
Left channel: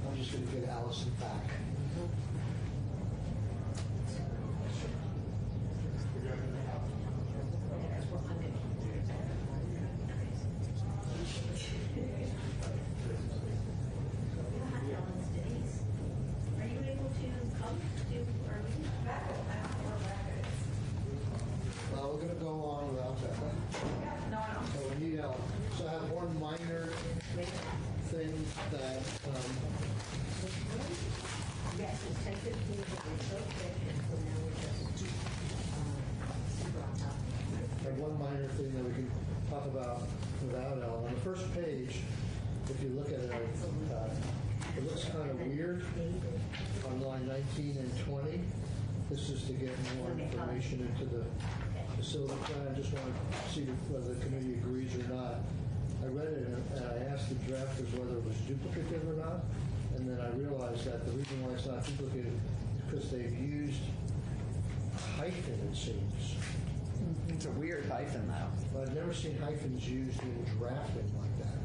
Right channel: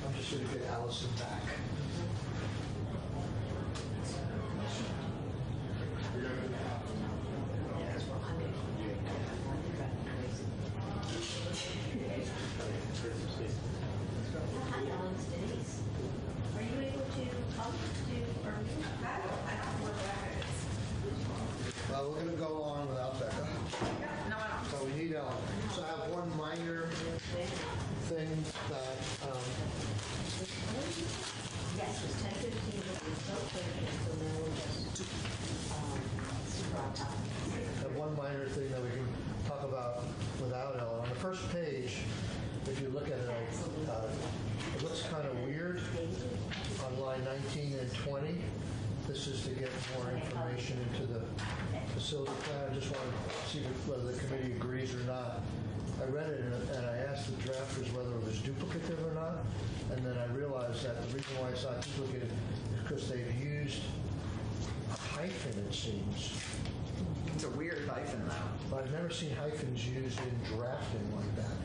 I'm just going to get Allison back. Are you able to come to, or, We're going to go on without that. No, I don't. So we need Ellen. So I have one minor thing that, yes, it's 10:15, it's so quick, and so then we'll just, one minor thing that we can talk about without Ellen. On the first page, if you look at it, it looks kind of weird on line 19 and 20. This is to get more information into the facility plan. I just want to see whether the committee agrees or not. I read it and I asked the drafters whether it was duplicative or not. And then I realized that the reason why it's not duplicative is because they've used a hyphen, it seems. It's a weird hyphen, though. But I've never seen hyphens used in drafting like that.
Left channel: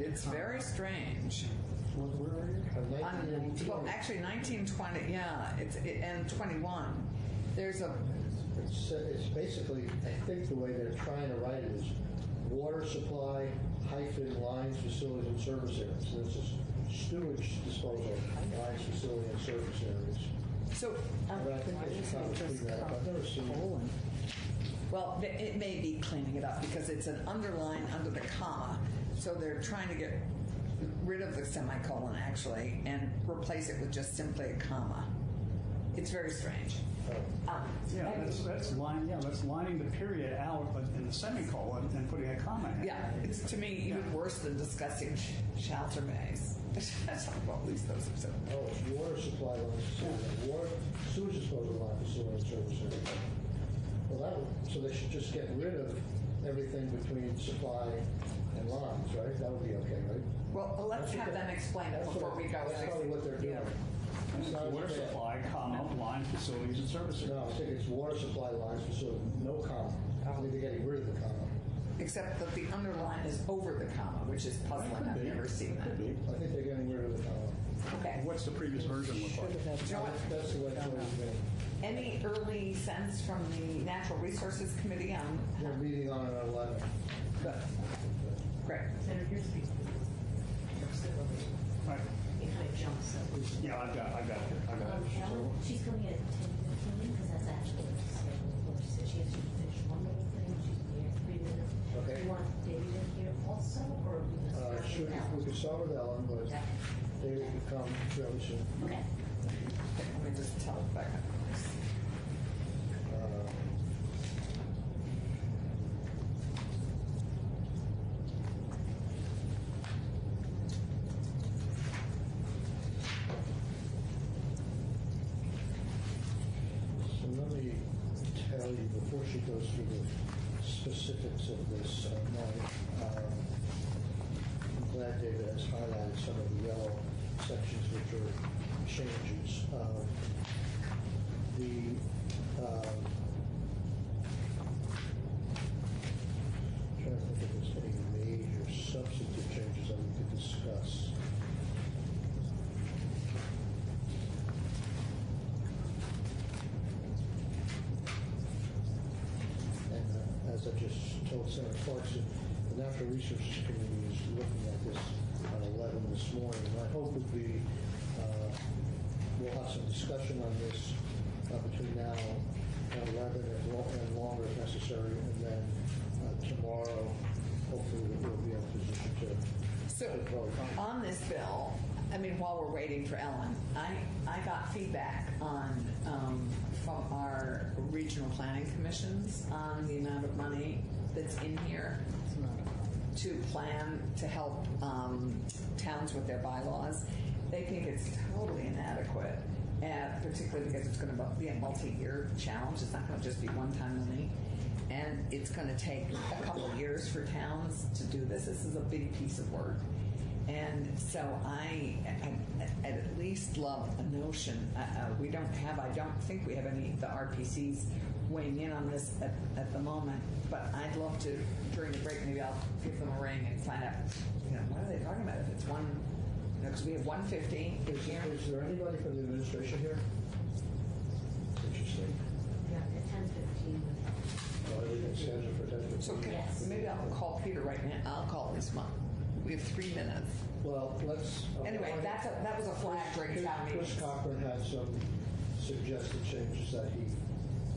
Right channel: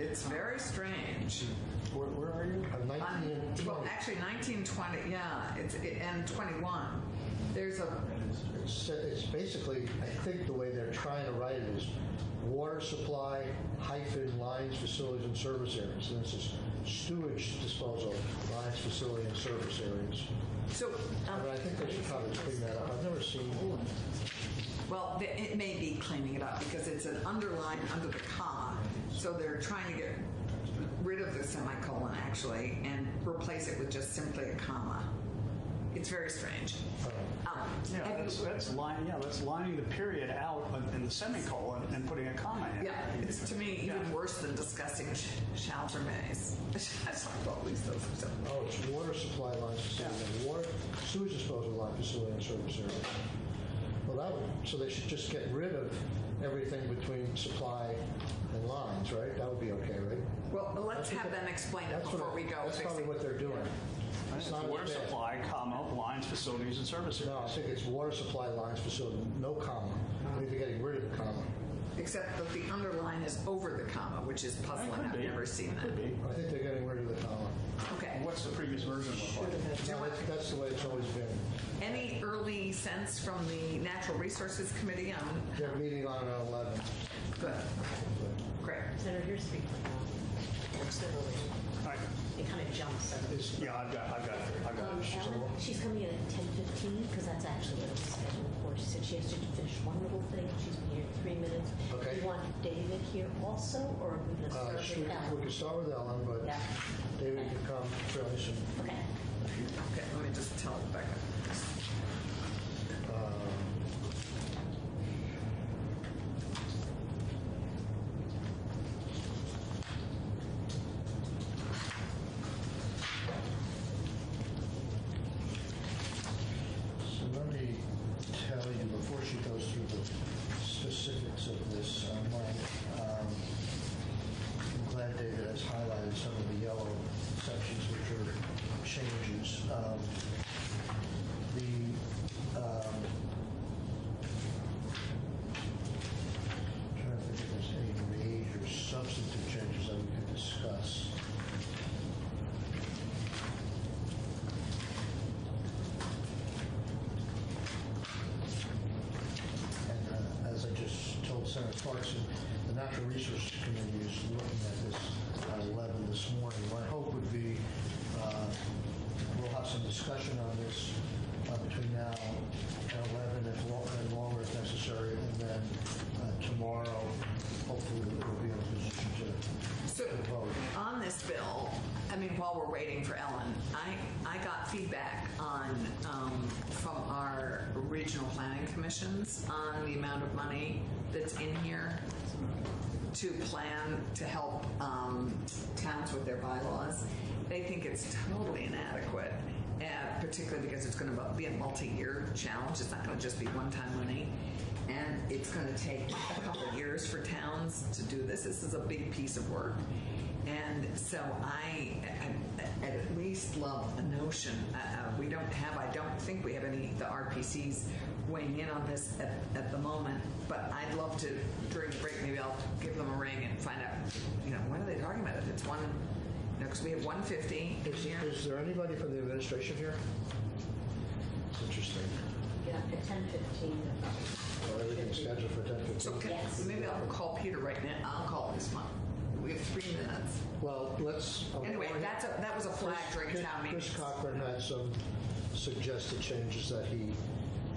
It's very strange. Where are you? On 19 and 20. Well, actually, 1920, yeah, and 21. There's a, It's basically, I think the way they're trying to write it is water supply hyphen lines, facilities, and service areas. And this is sewage disposal, lines, facility, and service areas. So, But I think they should probably clean that up. I've never seen. well, it may be cleaning it up because it's an underline under the comma. So they're trying to get rid of the semicolon actually and replace it with just simply a comma. It's very strange. Yeah, that's lining the period out in the semicolon and putting a comma in. Yeah, it's to me even worse than discussing shelter bays. It's like, well, at least those are simple. Oh, it's water supply lines, water, sewage disposal line, facility, and service area. Well, that would, so they should just get rid of everything between supply and lines, right? That would be okay, right? Well, let's have them explain it before we go. That's probably what they're doing. It's water supply, comma, lines, facilities, and services. No, I think it's water supply lines, facility, no comma. I think they're getting rid of the comma. Except that the underline is over the comma, which is puzzling. I've never seen that. I think they're getting rid of the comma. Okay. What's the previous version look like? That's the way it's always been. Any early sense from the Natural Resources Committee on? They're meeting on it on 11. Good. Great. Senator, you're speaking now. All right. It kind of jumps. Yeah, I've got it. Ellen, she's coming in at 10:15 because that's actually what it's scheduled for. She said she has to finish one little thing. She's been here 3 minutes. Okay. Do you want David here also, or are we going to start Sure, with Ellen? we could start with Ellen, but Yeah. David can come fairly soon. Okay. Okay, let me just tell Rebecca. So let me tell you, before she goes through the specifics of this, I'm glad David has highlighted some of the yellow sections which are changes. Trying to think if there's any major substantive changes that we could discuss. And as I just told Senator Clarkson, the Natural Resources Committee is looking at this at 11 this morning. My hope would be we'll have some discussion on this between now and 11 and longer if necessary, and then tomorrow, hopefully we'll be in a position So, to vote. on this bill, I mean, while we're waiting for Ellen, I got feedback on, from our regional planning commissions on the amount of money that's in here to plan to help towns with their bylaws. They think it's totally inadequate, particularly because it's going to be a multi-year challenge. It's not going to just be one-time money. And it's going to take a couple of years for towns to do this. This is a big piece of work. And so I at least love the notion. We don't have, I don't think we have any, the RPCs weighing in on this at the moment. But I'd love to, during the break, maybe I'll give them a ring and find out, what are they talking about? If it's one, because we have 150 this year. Is there anybody from the administration here? Interesting. Get up at 10:15. Everything's scheduled for 10:15. So Yes. maybe I'll call Peter right now. I'll call this month. We have 3 minutes. Well, let's. Anyway, that was a flag during town meeting. Chris Cochran had some suggested changes that he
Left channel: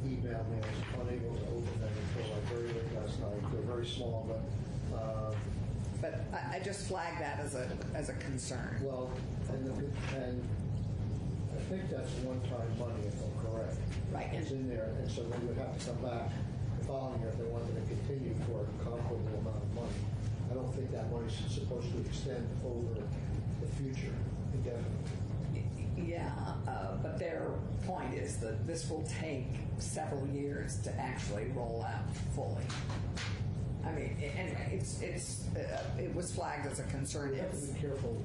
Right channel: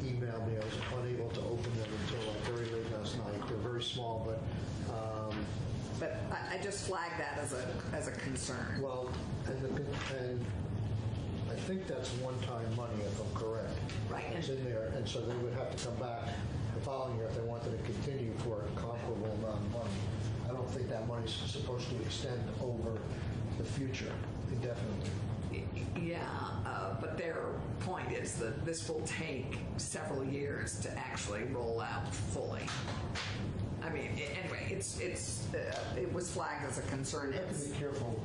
emailed me. I was unable to open them until very late last night. They're very small, but But I just flagged that as a concern. well, and I think that's one-time money, if I'm correct. Right. It's in there, and so they would have to come back the following year if they wanted to continue for a comparable amount of money. I don't think that money's supposed to extend over the future indefinitely. Yeah, but their point is that this will take several years to actually roll out fully. I mean, anyway, it was flagged as a concern. We have to be careful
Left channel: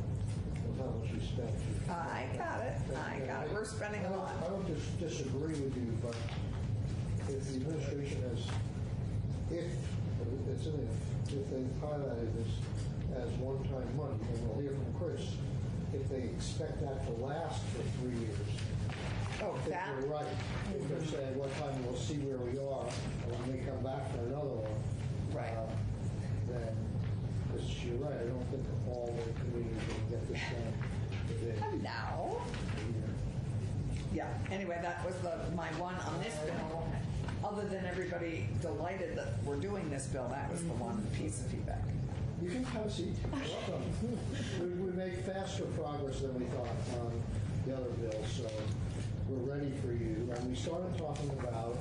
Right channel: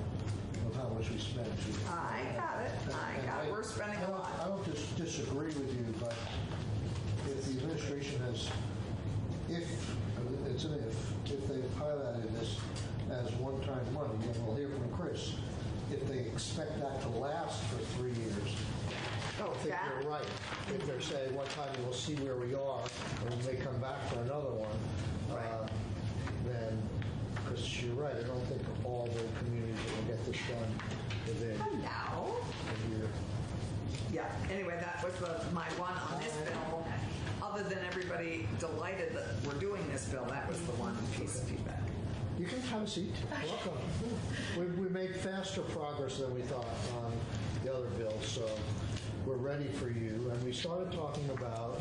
of how much we spend. I got it. We're spending a lot. I don't disagree with you, but if the administration has, if they highlighted this as one-time money, then we'll hear from Chris. If they expect that to last for 3 years, Oh, I think that, they're right. If they're saying one time we'll see where we are and we may come back for another one, Right. then Chris because you're right, I don't think all the communities will get this done within Hello. a year. Yeah, anyway, that was my one on this bill. Other than everybody delighted that we're doing this bill, that was the one piece of feedback. You can have a seat. Welcome. We made faster progress than we thought on the other bills, so we're ready for you. And we started talking about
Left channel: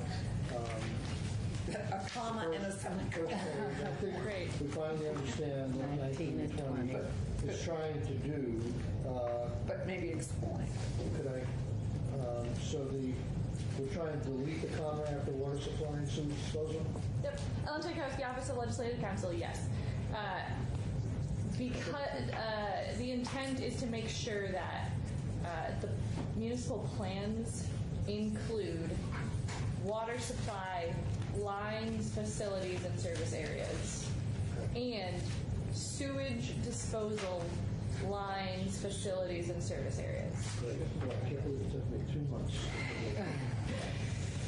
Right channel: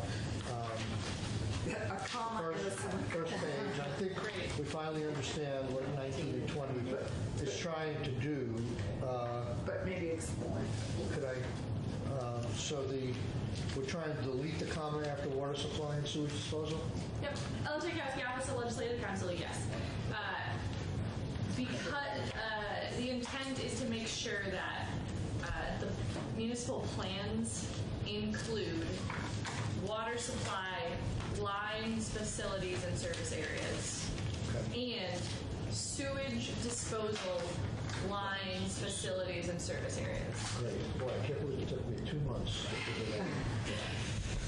A comma and a first page. And I think we finally understand what 19 and 20 is trying to do. but maybe it's more. Could I? We're trying to delete the comma after water supply and sewage disposal. Yep, Ellen Tchaikovsky, Office of Legislative Counsel, yes. Because the intent is to make sure that the municipal plans include water supply, lines, facilities, and service areas, and sewage disposal, lines, facilities, and service areas. Great. Boy, I can't believe it took me 2 months.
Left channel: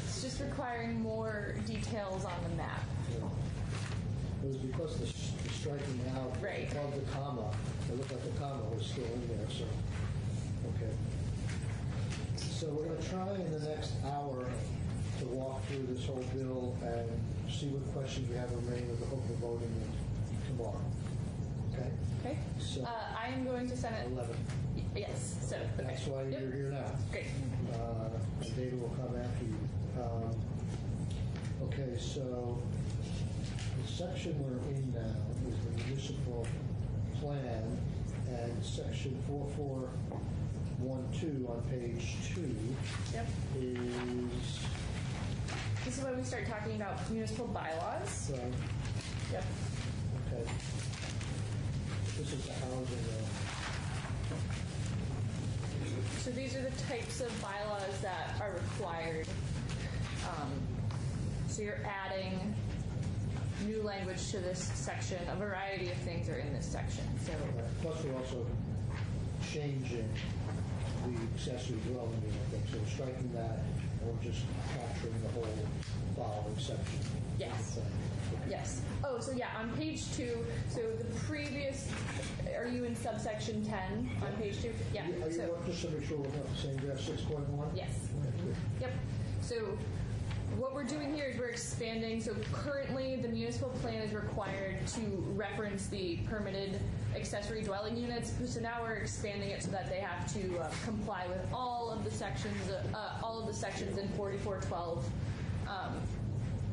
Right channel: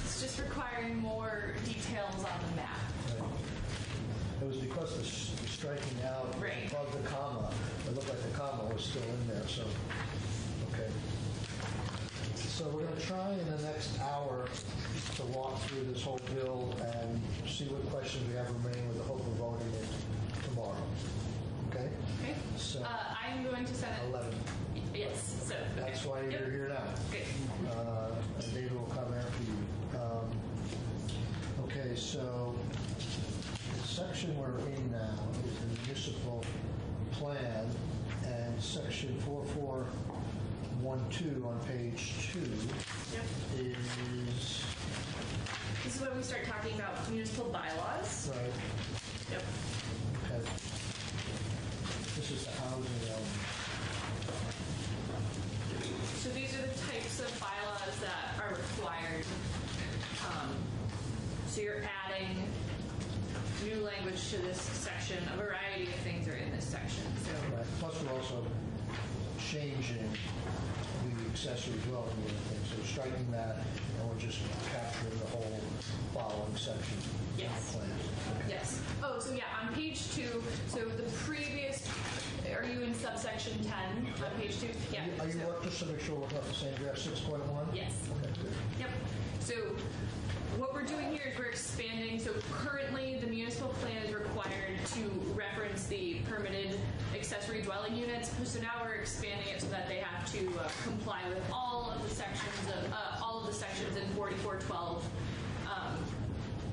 It's just requiring more details on the map. It was because of the striking out Right. of the comma. It looked like the comma was still in there, so, okay. So we're going to try in the next hour to walk through this whole bill and see what questions we have remaining with the hope of voting it tomorrow. Okay? Okay. So, I'm going to send it. 11. Yes. So okay. That's why Yep. you're here now. Great. David will come after you. Okay, so the section we're in now is the municipal plan, and section 4412 on page 2 Yep. is, This is when we start talking about municipal bylaws. right, Yep. okay. This is the housing element. So these are the types of bylaws that are required. So you're adding new language to this section. A variety of things are in this section. So Right. Plus, we're also changing the accessory dwelling unit thing, so we're striking that, and we're just capturing the whole following section. yes, yes. Oh, so yeah, on page 2. So the previous. Are you in subsection 10 on page 2? Yeah. Are you, So, just to make sure we're not the same, you have 6.1? yes. Okay, good. Yep. So what we're doing here is we're expanding. So currently the municipal plan is required to reference the permitted accessory dwelling units. So now we're expanding it so that they have to comply with all of the sections in 4412,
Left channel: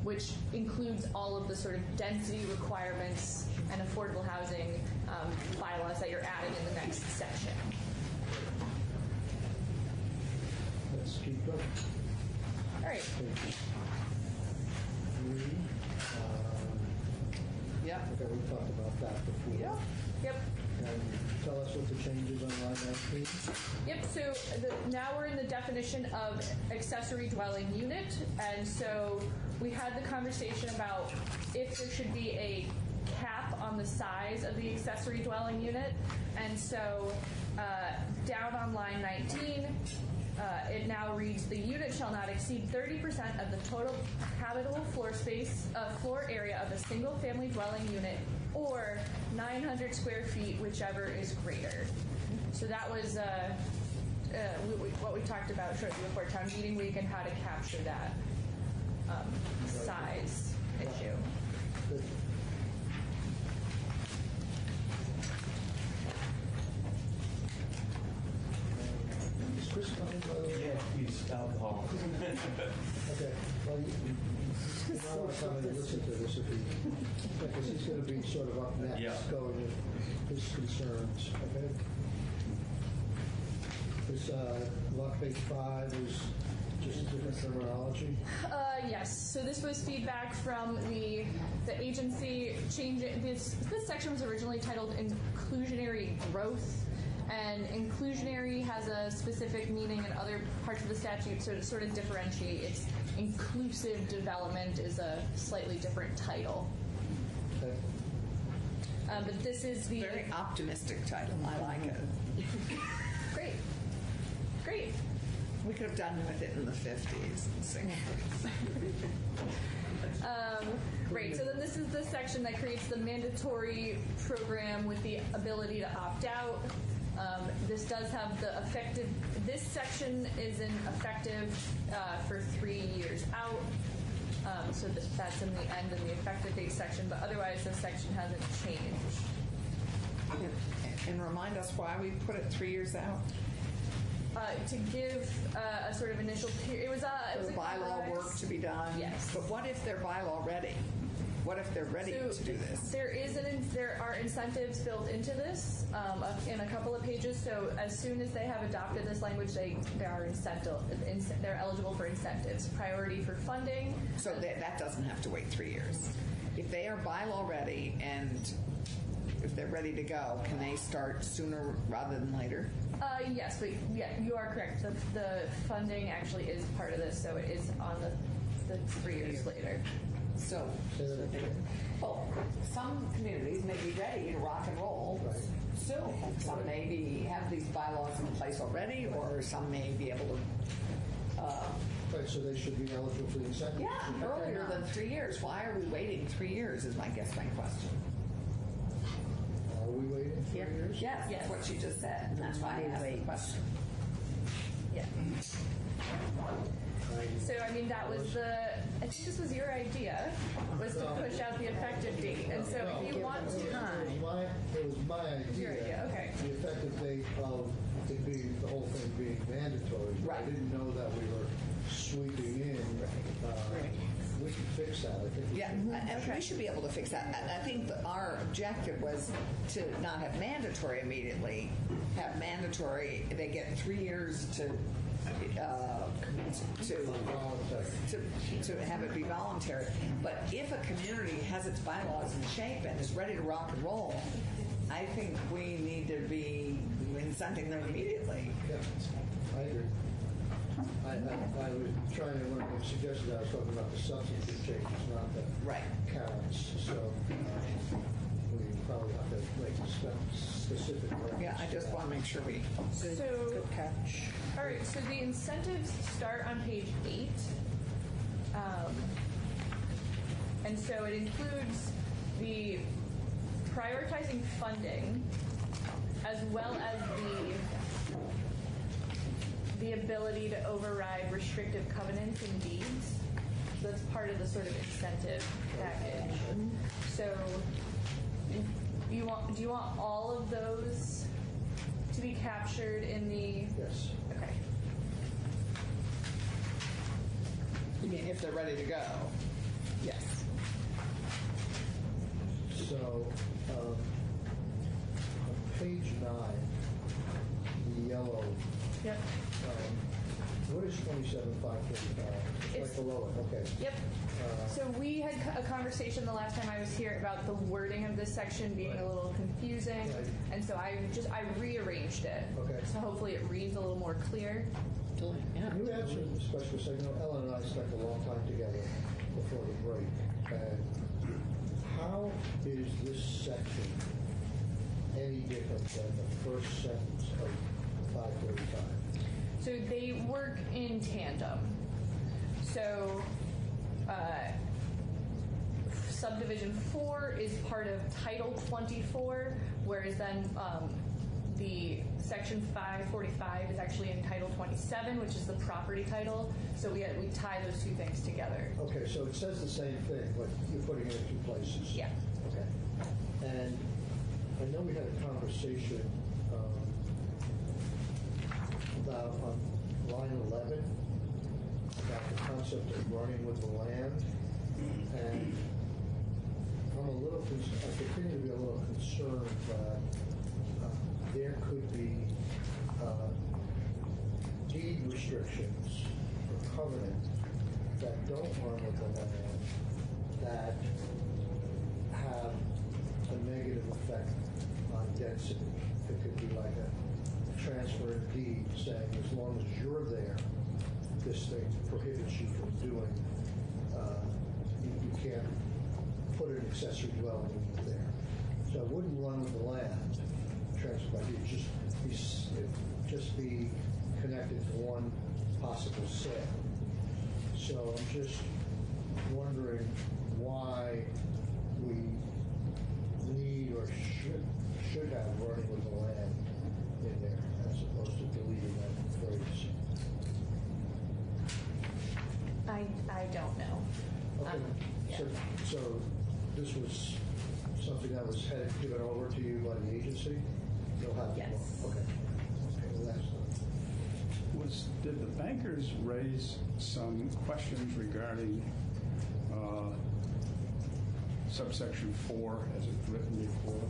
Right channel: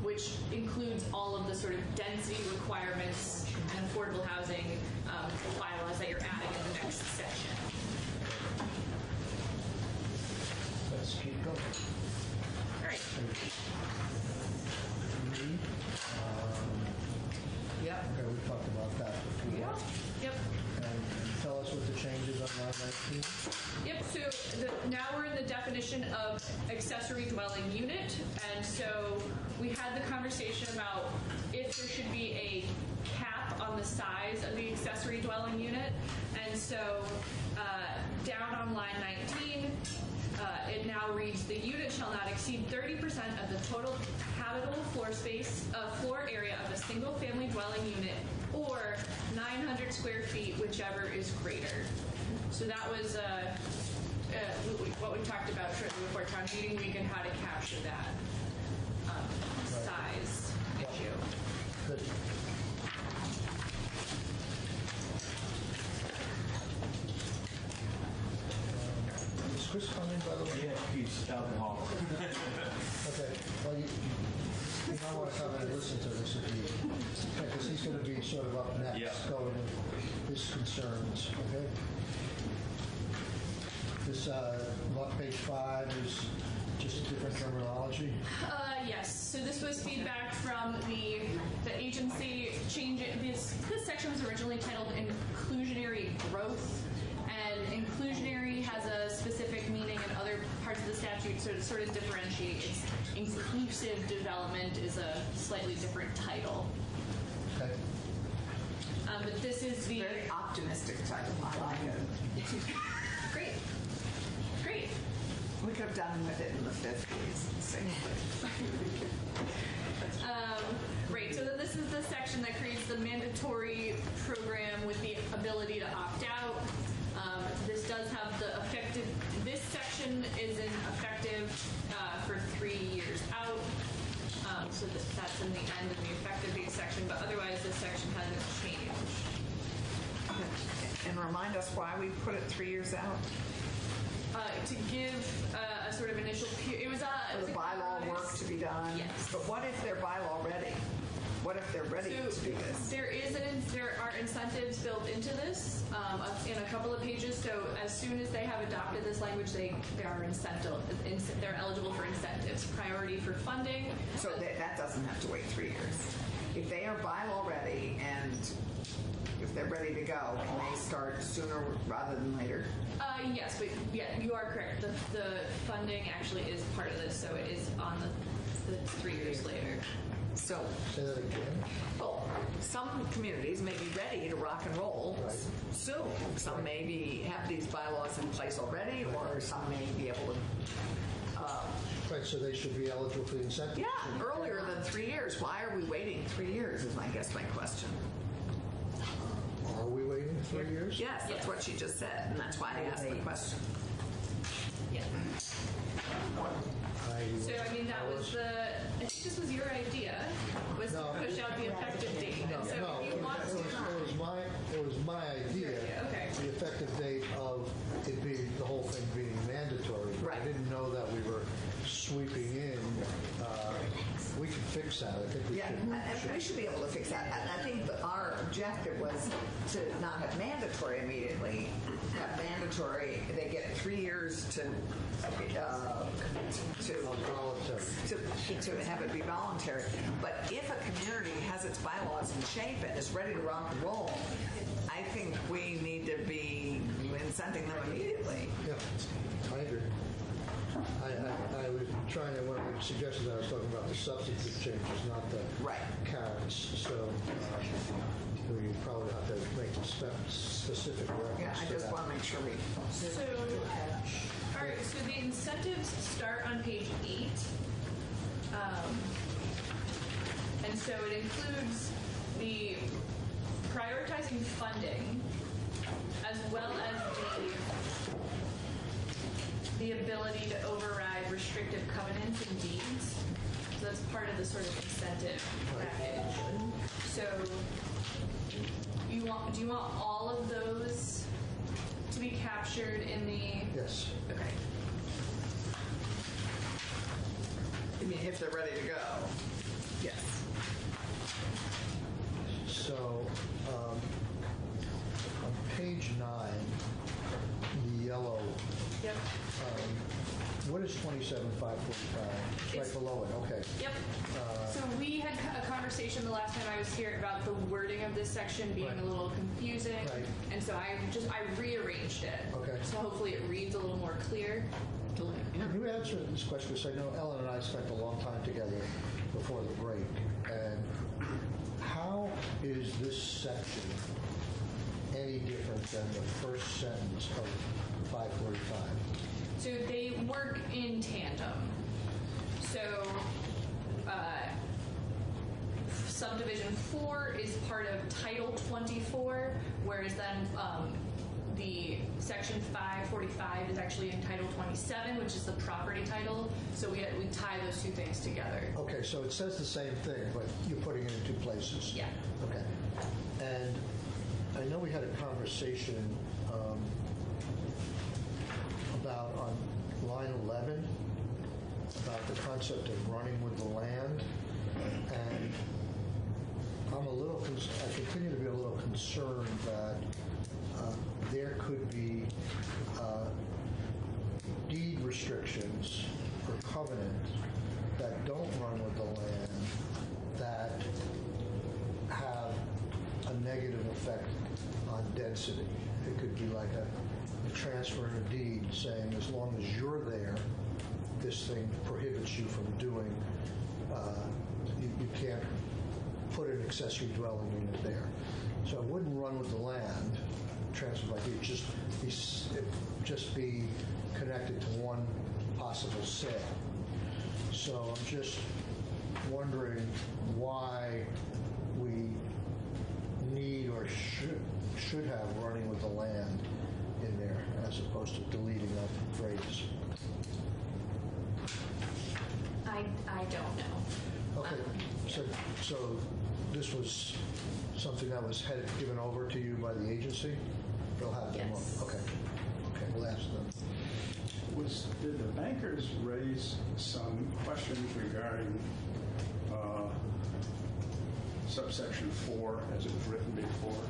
which includes all of the sort of density requirements and affordable housing bylaws that you're adding in the next section. Let's keep going. All right. Yep. Okay, we talked about that before. Yep. And tell us what the changes on line 19. Yep, so now we're in the definition of accessory dwelling unit, and so we had the conversation about if there should be a cap on the size of the accessory dwelling unit, and so down on line 19, it now reads, the unit shall not exceed 30% of the total habitable floor area of a single-family dwelling unit, or 900 square feet, whichever is greater. So that was what we talked about shortly before town meeting week and how to capture that size issue. Good. Is Chris coming, by the way? Yeah, he's out in the hall. Okay, well, you might want to come in and listen to this, because he's going to be sort of up next, Yeah. going with his concerns, okay? This, on page 5 is just a different terminology. Yes, so this was feedback from the agency change. This section was originally titled inclusionary growth, and inclusionary has a specific meaning in other parts of the statute, so to sort of differentiate. It's inclusive development is a slightly different title. Okay. But this is the Very optimistic title. I like it. great. We could have done with it in the 50s and 60s. Right, so then this is the section that creates the mandatory program with the ability to opt out. This does have the effective, this section is in effective for 3 years out. So that's in the end of the effective date section, but otherwise this section hasn't changed. And remind us why we put it 3 years out? To give a sort of initial period, it was The bylaw work to be done? Yes. But what if they're bylaw ready? What if they're ready to do this? There are incentives built into this in a couple of pages. So as soon as they have adopted this language, they're eligible for incentives. Priority for funding. So that doesn't have to wait 3 years. If they are bylaw ready and if they're ready to go, can they start sooner rather than later? Yes, but yeah, you are correct. The funding actually is part of this, so it is on the 3 years later. So, Say that again. well, some communities may be ready to rock and roll soon. Some maybe have these bylaws in place already, or some may be able to. Right, so they should be eligible for the incentive. Yeah, earlier than 3 years. Why are we waiting 3 years? Is my question. Are we waiting 3 years? Yes, that's what she just said, and that's why I asked the question. Yeah. So I mean, that was I think this was your idea, was to push out the effective date. And so if you want to. It was my idea. Okay. The effective date of it being, the whole thing being mandatory. Right. I didn't know that we were sweeping in. We can fix that. I think we Yeah, should. we should be able to fix that. And I think that our objective was to not have mandatory immediately, have mandatory, they get 3 years to have it be voluntary. But if a community has its bylaws in shape and is ready to rock and roll, I think we need to be incenting them immediately. Yeah, I agree. I was trying to, when I suggested that, I was talking about the substantive changes, not the Right. carrots. So we probably have to make specific reference. Yeah, I to just that. want to make sure we. So, all right, so the incentives start on page 8. And so it includes the prioritizing funding as well as the ability to override restrictive covenants and deeds. So that's part of the sort of incentive package. So do you want all of those to be captured in the? Yes. Okay. I mean, if they're ready to go. Yes. So, on page 9, yellow, Yep. what is 27,545? It's It's- right below it, okay. Yep. So we had a conversation the last time I was here about the wording of this section being Right. a little confusing. Right. And so I rearranged it. Okay. So hopefully it reads a little more clear. Can you answer this question? Because I know Ellen and I spent a long time together before the break. And how is this section any different than the first sentence of 545? So they work in tandem. So subdivision 4 is part of Title 24, whereas then the section 545 is actually in Title 27, which is the property title. So we tie those two things together. Okay, so it says the same thing, but you're putting it in two places. Yeah. Okay. And I know we had a conversation about on line 11 about the concept of running with the land, and I continue to be a little concerned that there could be deed restrictions or covenants that don't run with the land that have a negative effect on density. It could be like a transfer of deed saying as long as you're there, this thing prohibits you from doing, you can't put an accessory dwelling unit there. So it wouldn't run with the land, transfer by deed, just be connected to one possible sale. So I'm just wondering why we need or should have running with the land in there as opposed to deleting that phrase? I don't know. Okay, Yeah. so this was something that was given over to you by the agency? They'll have to. Yes. Okay, we'll ask them. Did the bankers raise some questions regarding subsection 4 as it was written before,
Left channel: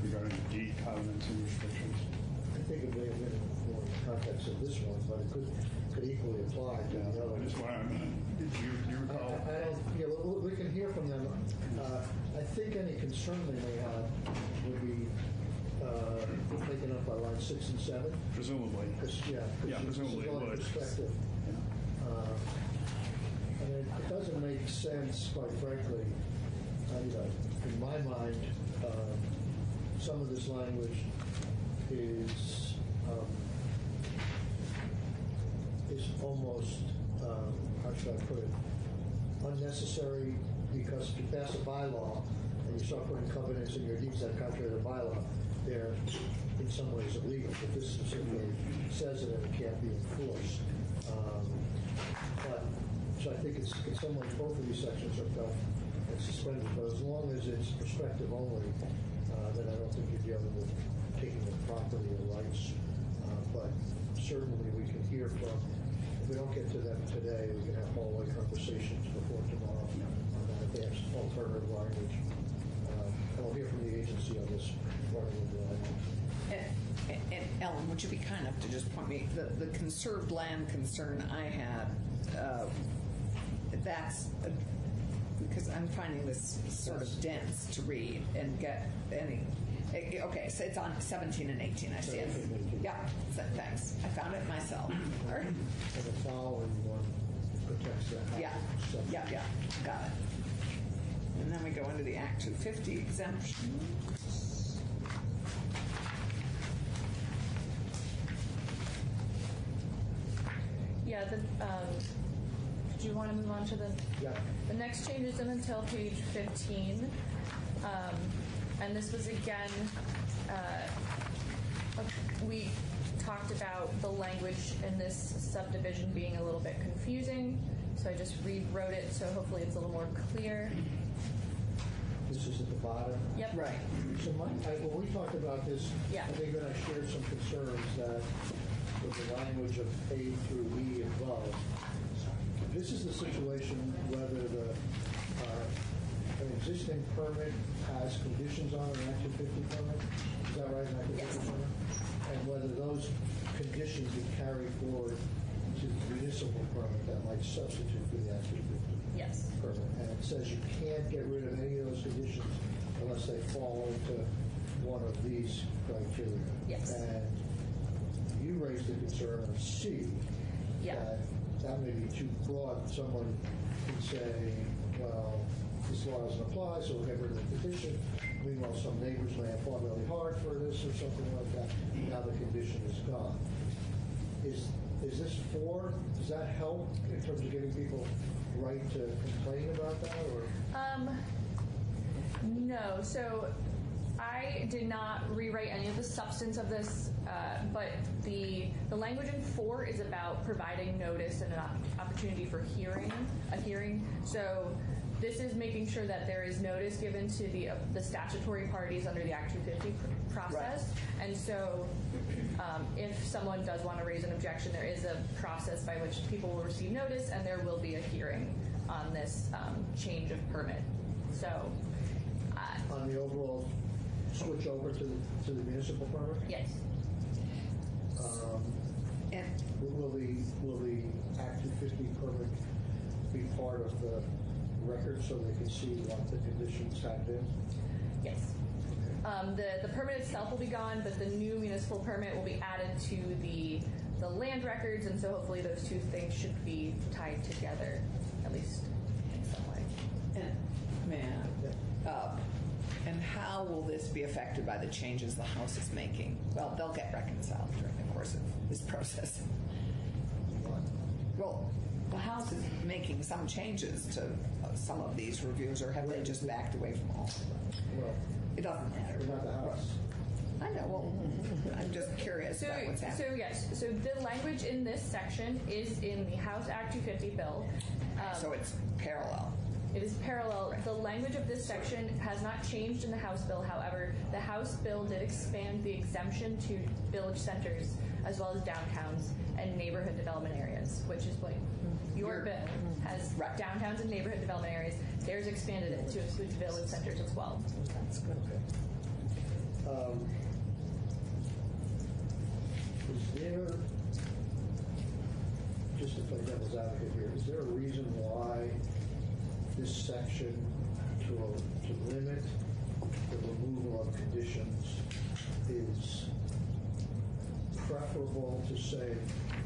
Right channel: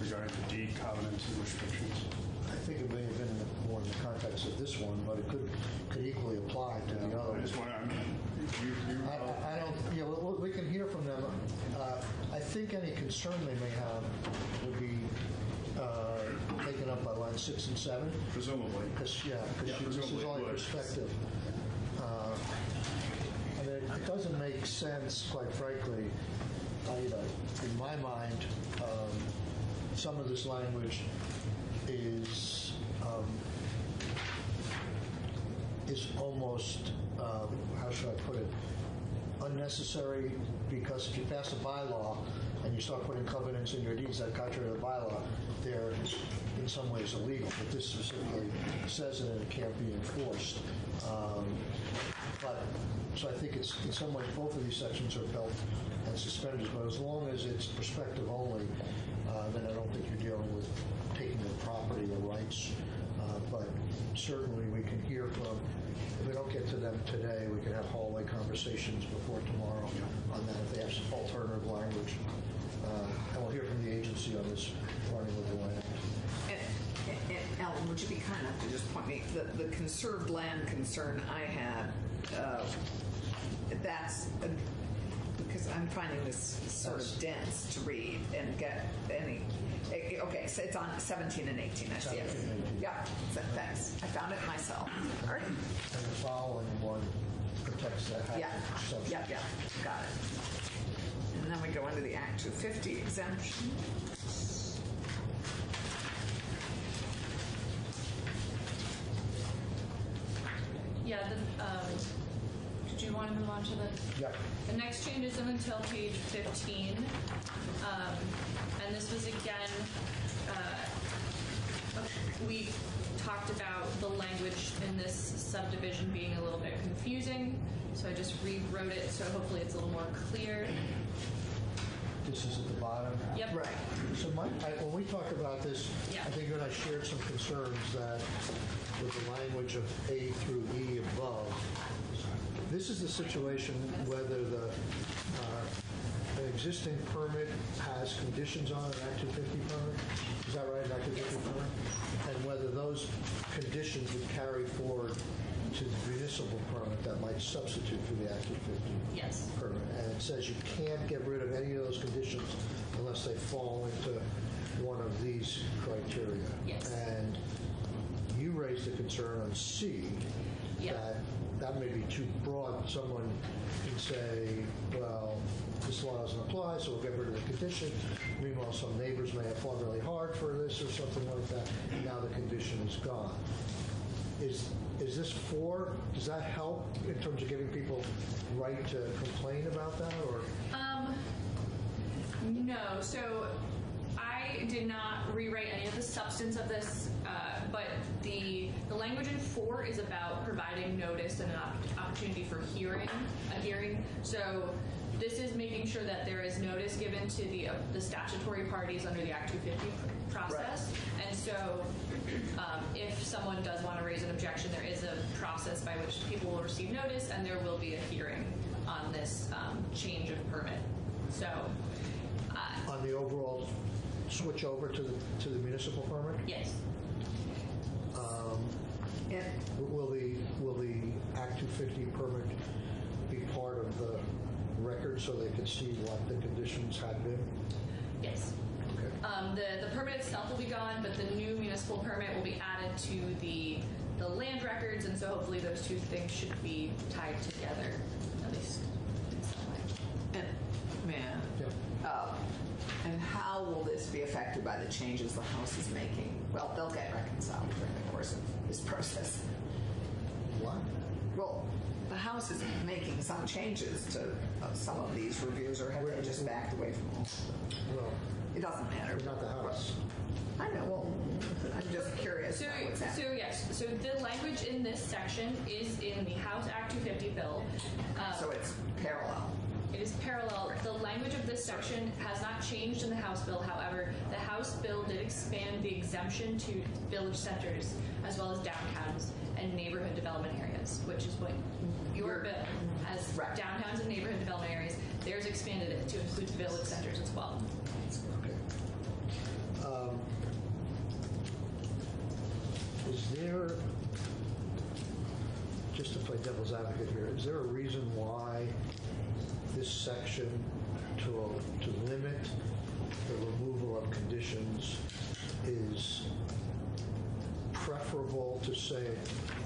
regarding the deed covenants and restrictions? I think it may have been more in the context of this one, but it could equally apply to the I other. just want to, I don't, yeah, well, we can hear from them. I think any concern they may have would be taken up by line 6 and 7. presumably. Because this is presumably only would. perspective. And it doesn't make sense, quite frankly, in my mind, some of this language is almost, how should I put it, unnecessary, because if you pass a bylaw and you start putting covenants in your deeds that are contrary to the bylaw, they're in some ways illegal, but this specifically says it and it can't be enforced. So I think it's, in some ways, both of these sections are belt and suspenders, but as long as it's perspective only, then I don't think you're dealing with taking the property and the rights. But certainly we can hear from, if we don't get to them today, we can have hallway conversations before tomorrow on that, if they have some alternative language. And we'll hear from the agency on this running with the land. And Ellen, would you be kind enough to just point me, the conserved land concern I had, that's, because I'm finding this sort of dense to read and get any, okay, so it's on 17 and 18, I see it. Yeah, thanks, I found it myself. All right. And the following one protects that. Yeah, got it. And then we go into the Act 250 exemption. Yeah, did you want to move on to Yeah. the next change isn't until page 15. And this was again, we talked about the language in this subdivision being a little bit confusing. So I just rewrote it, so hopefully it's a little more clear. This is at the bottom. Yep. Right. So when we talked about this, Yeah. I think you and I shared some concerns that with the language of A through E above, this is a situation whether the existing permit has conditions on it, an Act 250 permit, is that right, Act 250 permit? And whether those conditions would carry forward to the municipal permit that might substitute for the Act 250 Yes. permit. And it says you can't get rid of any of those conditions unless they fall into one of these criteria. Yes. And you raised a concern on C. Yeah. That may be too broad. Someone could say, well, this law doesn't apply, so we'll get rid of the condition. Meanwhile, some neighbors may have fought really hard for this or something like that. Now the condition is gone. Is this 4? Does that help in terms of giving people right to complain about that, or? No. So I did not rewrite any of the substance of this, but the language in 4 is about providing notice and an opportunity for a hearing. So this is making sure that there is notice given to the statutory parties under the Act 250 process. Right. And so if someone does want to raise an objection, there is a process by which people will receive notice, and there will be a hearing on this change of permit. So on the overall switch over to the municipal permit? Yes. And Will the Act 250 permit be part of the record so they can see what the conditions have been? Yes. Okay. The permit itself will be gone, but the new municipal permit will be added to the land records, and so hopefully those two things should be tied together, at least in some way. And how will this be affected by the changes the House is making? Well, they'll get reconciled during the course of this process. What? Well, the House is making some changes to some of these reviews, or have they just backed away from all of them? Well, It doesn't matter. we're not the house. I know, well, I'm just curious So, about what's happening. so yes, so the language in this section is in the House Act 250 bill. So it's parallel. It is parallel. The language of this section has not changed in the House bill. However, the House bill did expand the exemption to village centers as well as downtowns and neighborhood development areas, which is what your bill has. Right. Downtowns and neighborhood development areas. Theirs expanded it to include village centers as well. Okay. Is there, just to play devil's advocate here, is there a reason why this section to limit the removal of conditions is preferable to say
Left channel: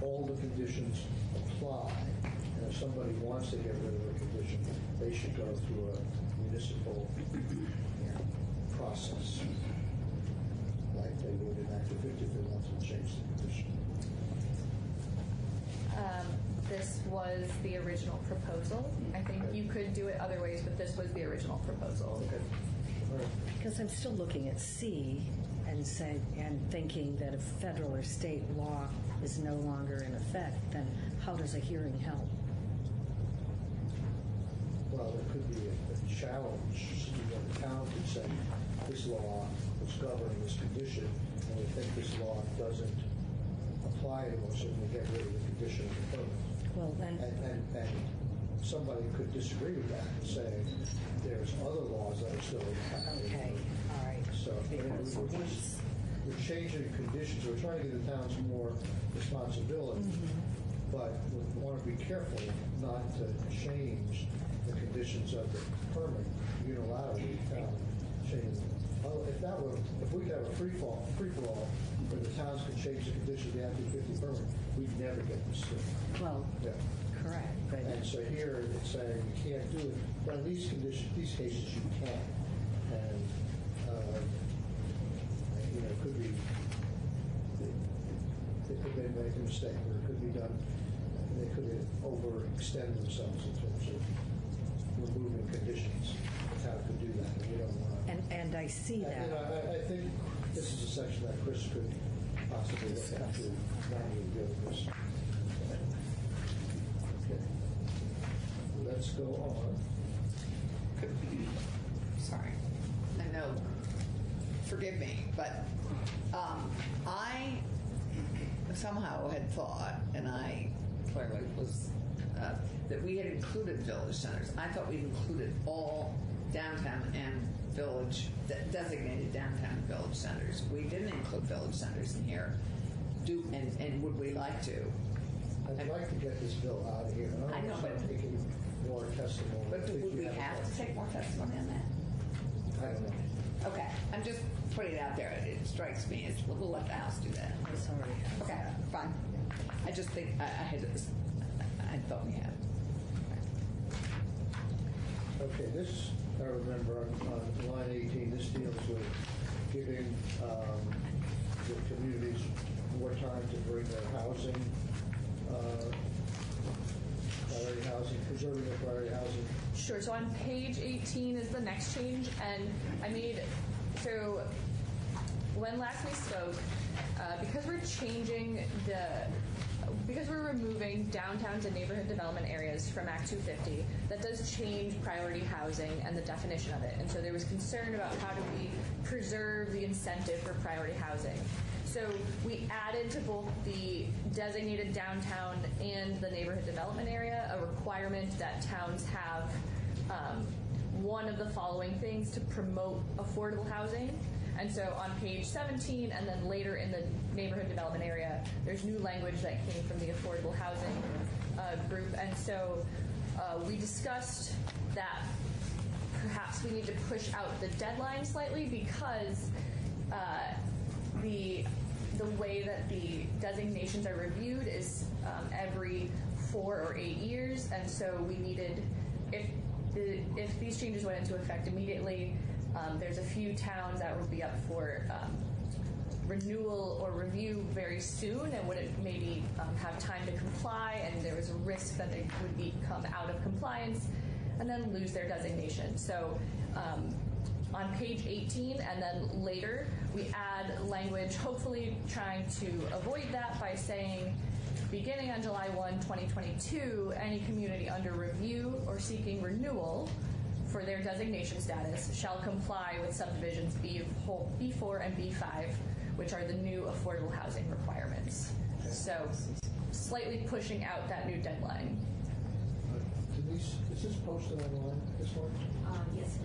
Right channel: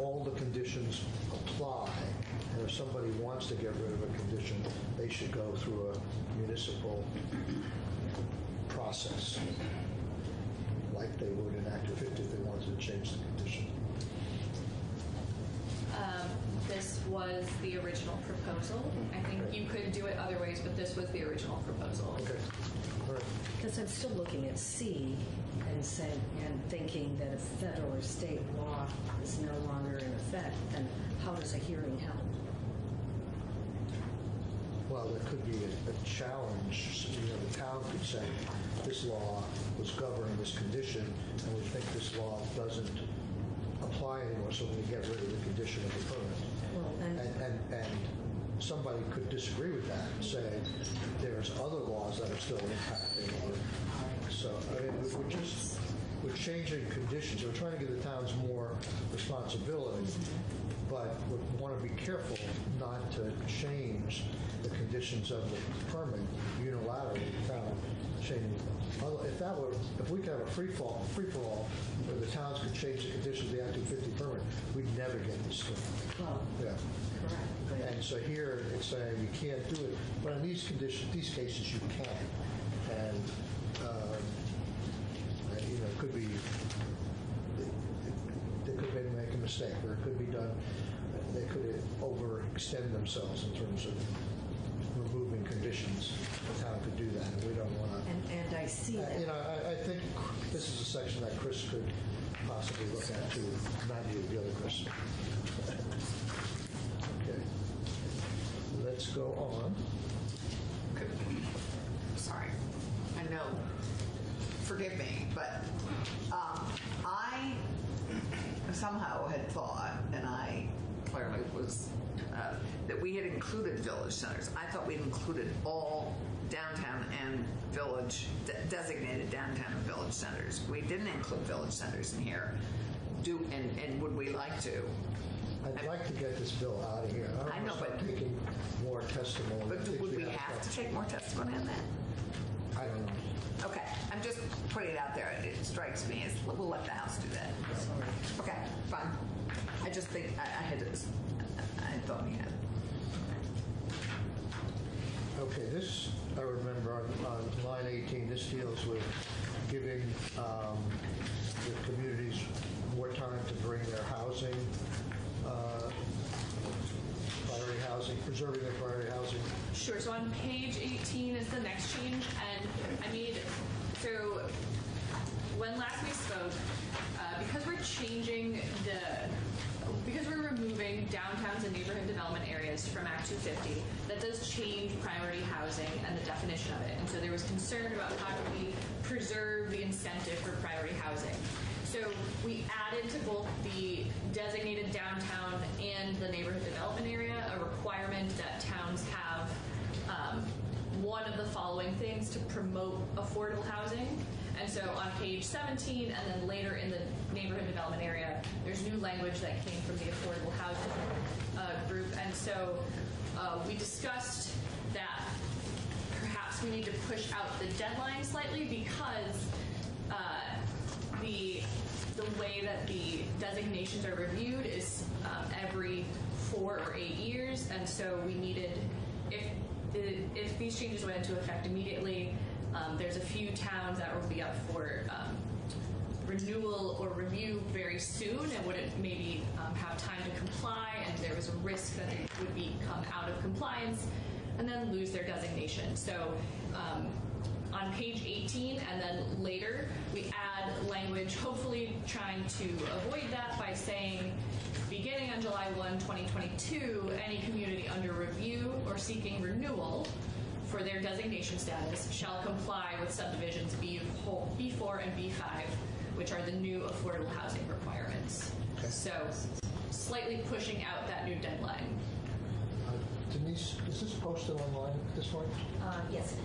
all the conditions apply, and if somebody wants to get rid of a condition, they should go through a municipal process, like they would in Act 250 if they wanted to change the condition? This was the original proposal. I think you could do it other ways, but this was the original proposal. Okay. All right. Because I'm still looking at C and thinking that if federal or state law is no longer in effect, then how does a hearing help? Well, there could be a challenge. The town could say, this law was governing this condition, and we think this law doesn't apply anymore, so we get rid of the condition of the permit. Well, then, And somebody could disagree with that and say, there's other laws that are still impacting. okay, all right. So, I mean, we're changing conditions, we're trying to give the towns more responsibility, but we want to be careful not to change the conditions of the permit unilaterally, the town changing them. If we could have a free-for-all, where the towns could change the conditions of the Act 250 permit, we'd never get this through. Well, Yeah. correct. But And so here, it's saying you can't do it, but in these conditions, these cases, you can. And, it could be, they could make a mistake, or it could be done, they could overextend themselves in terms of removing conditions. The town could do that, and we don't want to. and I see that. I think this is a section that Chris could possibly look at too, not you, the other Chris. Okay. Let's go on. Sorry. I know, forgive me, but I somehow had thought, and I clearly was, that we had included village centers. I thought we'd included all downtown and village, designated downtown and village centers. We didn't include village centers in here. And would we like to? I'd like to get this bill out of here. I know, but- taking more testimony. But would we have to take more testimony on that? I don't know. Okay, I'm just putting it out there. It strikes me as, we'll let the House do that. Sorry. Okay, fine. I just think, I thought we had. Okay, this, I remember on line 18, this deals with giving the communities more time to bring their housing, priority housing, preserving their priority housing. Sure. So on page 18 is the next change, and so when last we spoke, because we're removing downtowns and neighborhood development areas from Act 250, that does change priority housing and the definition of it. And so there was concern about how do we preserve the incentive for priority housing. So we added to both the designated downtown and the neighborhood development area a requirement that towns have one of the following things to promote affordable housing. And so on page 17, and then later in the neighborhood development area, there's new language that came from the affordable housing group. And so we discussed that perhaps we need to push out the deadline slightly because the way that the designations are reviewed is every 4 or 8 years. And so we needed, if these changes went into effect immediately, there's a few towns that will be up for renewal or review very soon and wouldn't maybe have time to comply, and there was a risk that they would become out of compliance. and then lose their designation. So on page 18 and then later, we add language, hopefully trying to avoid that by saying, beginning on July 1, 2022, any community under review or seeking renewal for their designation status shall comply with subdivisions B4 and B5, which are the new affordable housing requirements. Okay. So slightly pushing out that new deadline. Denise, is this posted online, this one? Yes.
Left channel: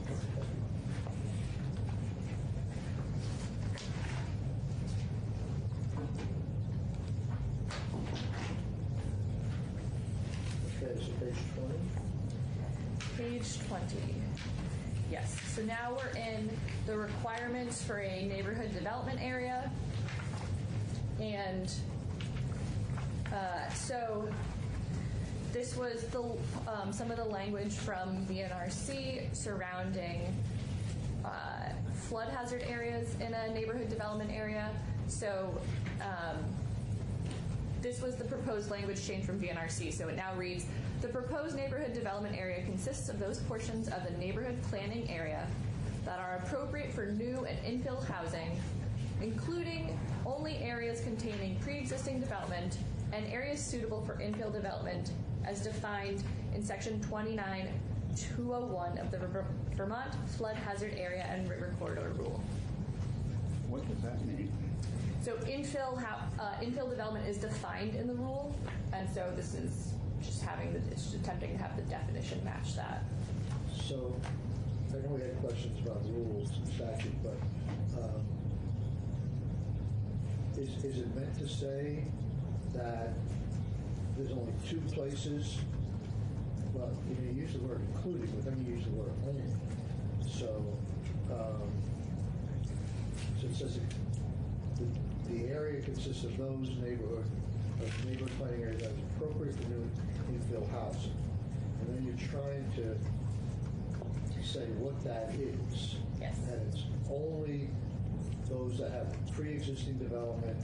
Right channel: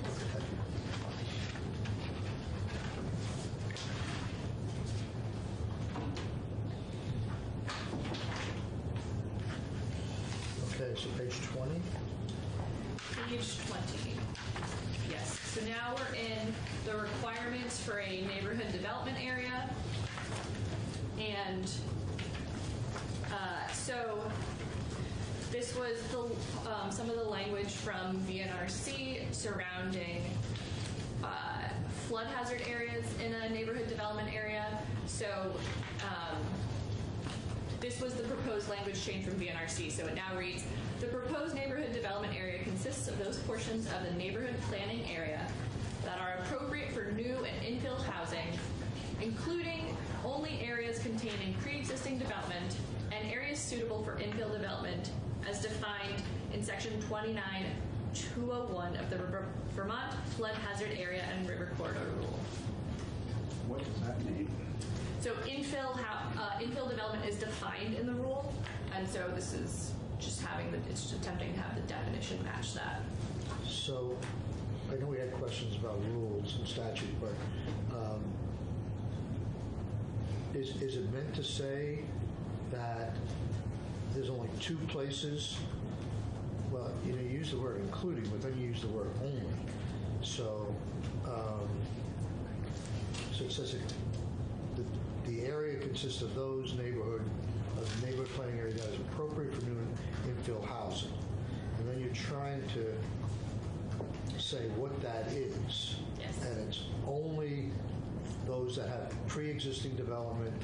Okay, so page 20. Page 20. Yes. So now we're in the requirements for a neighborhood development area. And so this was some of the language from VNRC surrounding flood hazard areas in a neighborhood development area. So this was the proposed language change from VNRC. So it now reads, the proposed neighborhood development area consists of those portions of the neighborhood planning area that are appropriate for new and infill housing, including only areas containing pre-existing development and areas suitable for infill development as defined in section 29.201 of the Vermont Flood Hazard Area and River Corridor Rule. What does that mean? So infill development is defined in the rule, and so this is just it's attempting to have the definition match that. So, I know we had questions about rules and statute, but is it meant to say that there's only two places? Well, you use the word including, but then you use the word only. So, so it says the area consists of those neighborhood planning area that is appropriate for new infill housing. And then you're trying to say what that is. Yes. And it's only those that have pre-existing development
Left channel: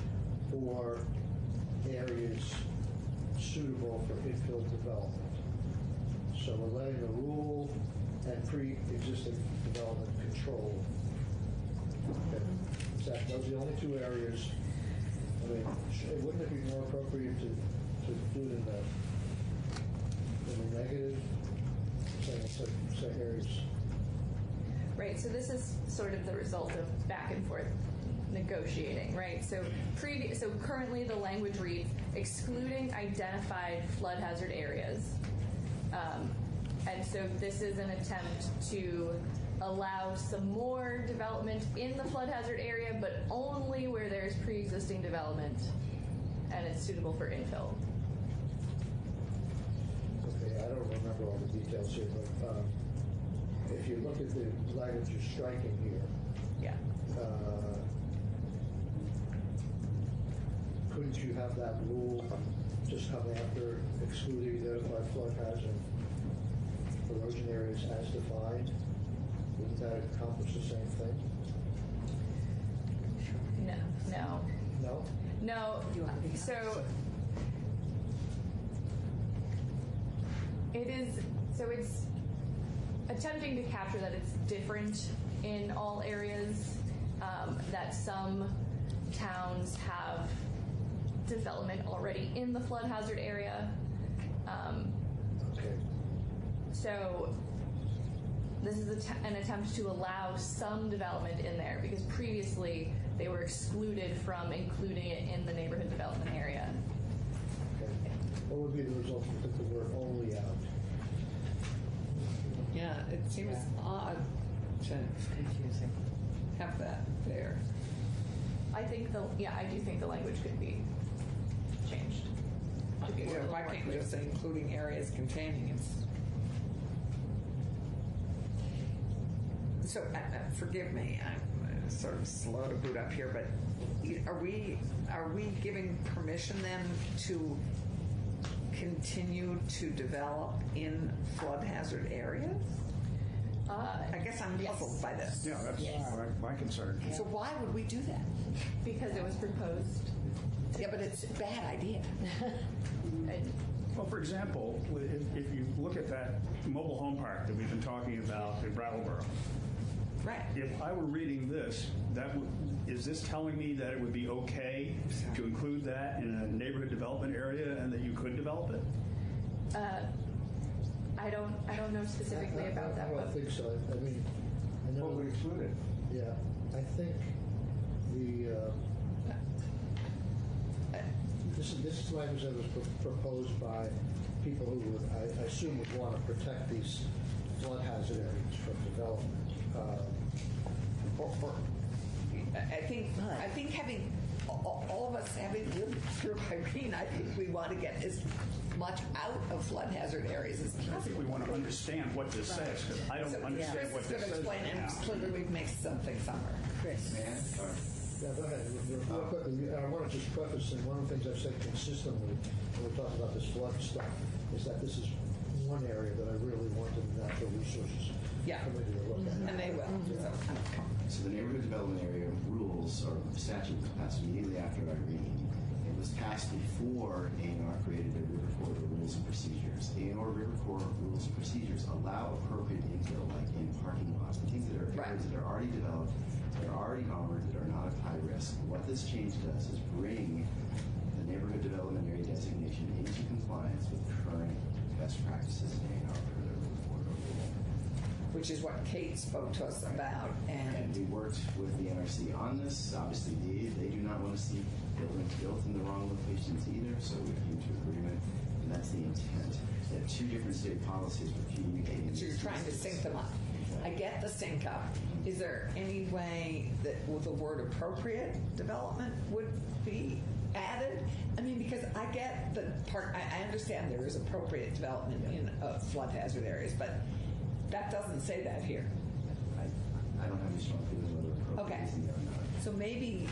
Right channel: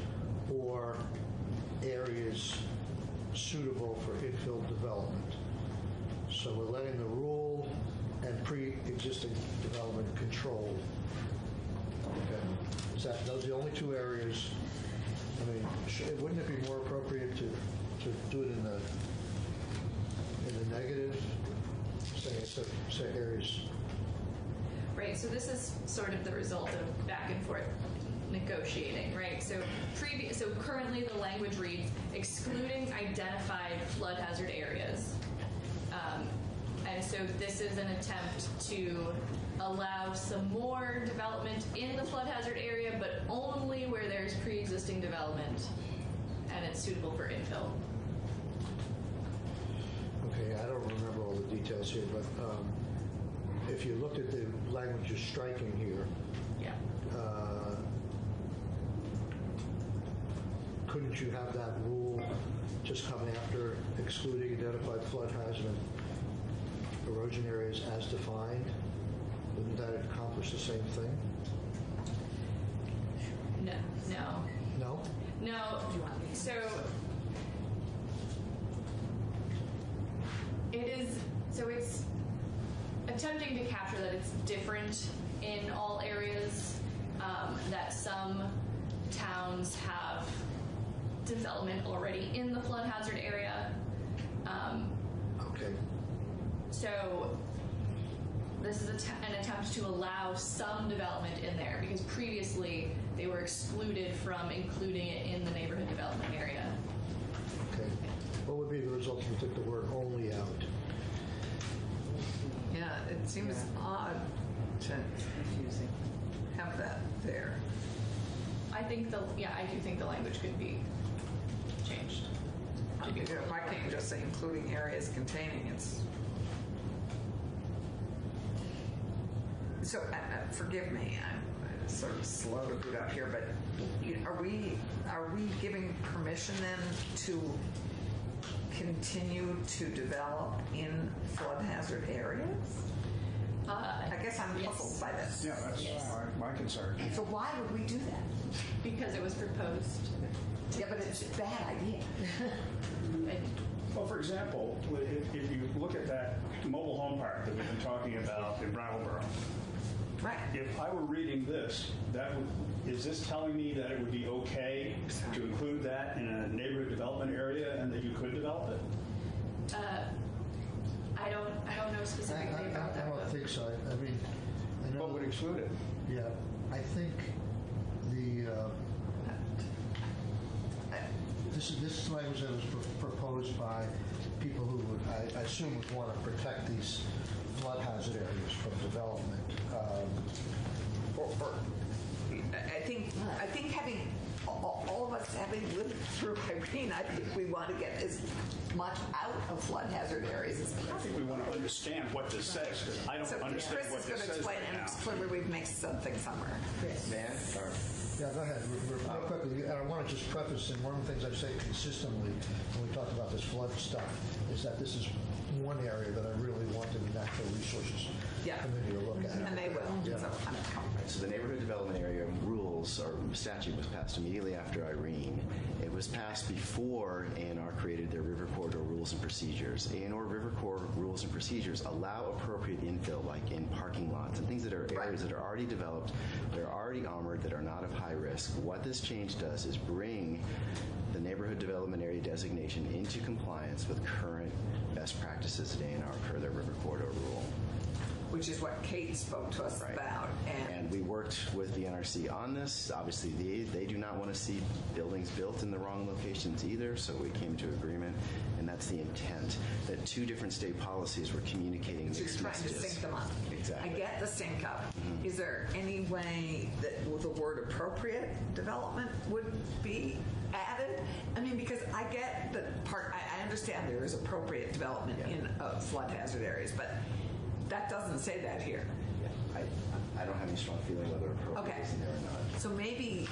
or areas suitable for infill development. So we're letting the rule and pre-existing development controlled. Okay. Those are the only two areas. I mean, wouldn't it be more appropriate to do it in the negative, say areas? Right, so this is sort of the result of back and forth negotiating, right? So currently the language reads, excluding identified flood hazard areas. And so this is an attempt to allow some more development in the flood hazard area, but only where there's pre-existing development and it's suitable for infill. Okay, I don't remember all the details here, but if you looked at the language you're striking here, yeah. Couldn't you have that rule just come after excluding identified flood hazard and erosion areas as defined? Wouldn't that accomplish the same thing? No. No? No, so it's attempting to capture that it's different in all areas, that some towns have development already in the flood hazard area. Okay. So this is an attempt to allow some development in there because previously they were excluded from including it in the neighborhood development area. Okay. What would be the result if you took the word only out? Yeah, it seems odd to Confusing. have that there. I do think the language could be changed. Why can't you just say including areas containing its? So, forgive me, I'm sort of slow to boot up here, but are we giving permission then to continue to develop in flood hazard areas? I guess I'm puzzled by this. Yeah, that's my concern. So why would we do that? Because it was proposed. Yeah, but it's a bad idea. Well, for example, if you look at that mobile home park that we've been talking about in Brattleboro, Right. if I were reading this, is this telling me that it would be okay to include that in a neighborhood development area and that you could develop it? I don't know specifically about that. I don't but- think so. I mean, I know. What would exclude it? Yeah, I think the, this language that was proposed by people who would, I assume would want to protect these flood hazard areas from development. I think having, all of us having lived through Irene, I think we want to get as much out of flood hazard areas as I think possible. we want to understand what this says, because I don't So understand Chris what is this going to says explain, right and now. clearly we've missed something somewhere. Yeah, go ahead, real quickly. And I want to just preface, and one of the things I say consistently when we talk about this flood stuff is that this is one area that I really want the Natural Resources Yeah. Committee to look at. And they will. Yeah. So the neighborhood development area rules or statute was passed immediately after Irene. It was passed before A&R created their River Corridor rules and procedures. A&R River Corridor rules and procedures allow appropriate infill, like in parking lots and things that are areas that are already developed, that are already armored, that are not of high risk. What this change does is bring the neighborhood development area designation into compliance with current best practices at A&R per their River Corridor rule. Which is what Kate spoke to us about. And we worked with the NRC on this. Obviously, they do not want to see buildings built in the wrong locations either, so we came to agreement, and that's the intent, that two different state policies were communicating So you're mixed trying to messages. sync them up. Exactly. I get the sync up. Is there any way that the word appropriate development would be added? I mean, because I get the part, I understand there is appropriate development in flood hazard areas, but that doesn't say that here. I don't have any strong feeling whether appropriate is in there or not. So maybe,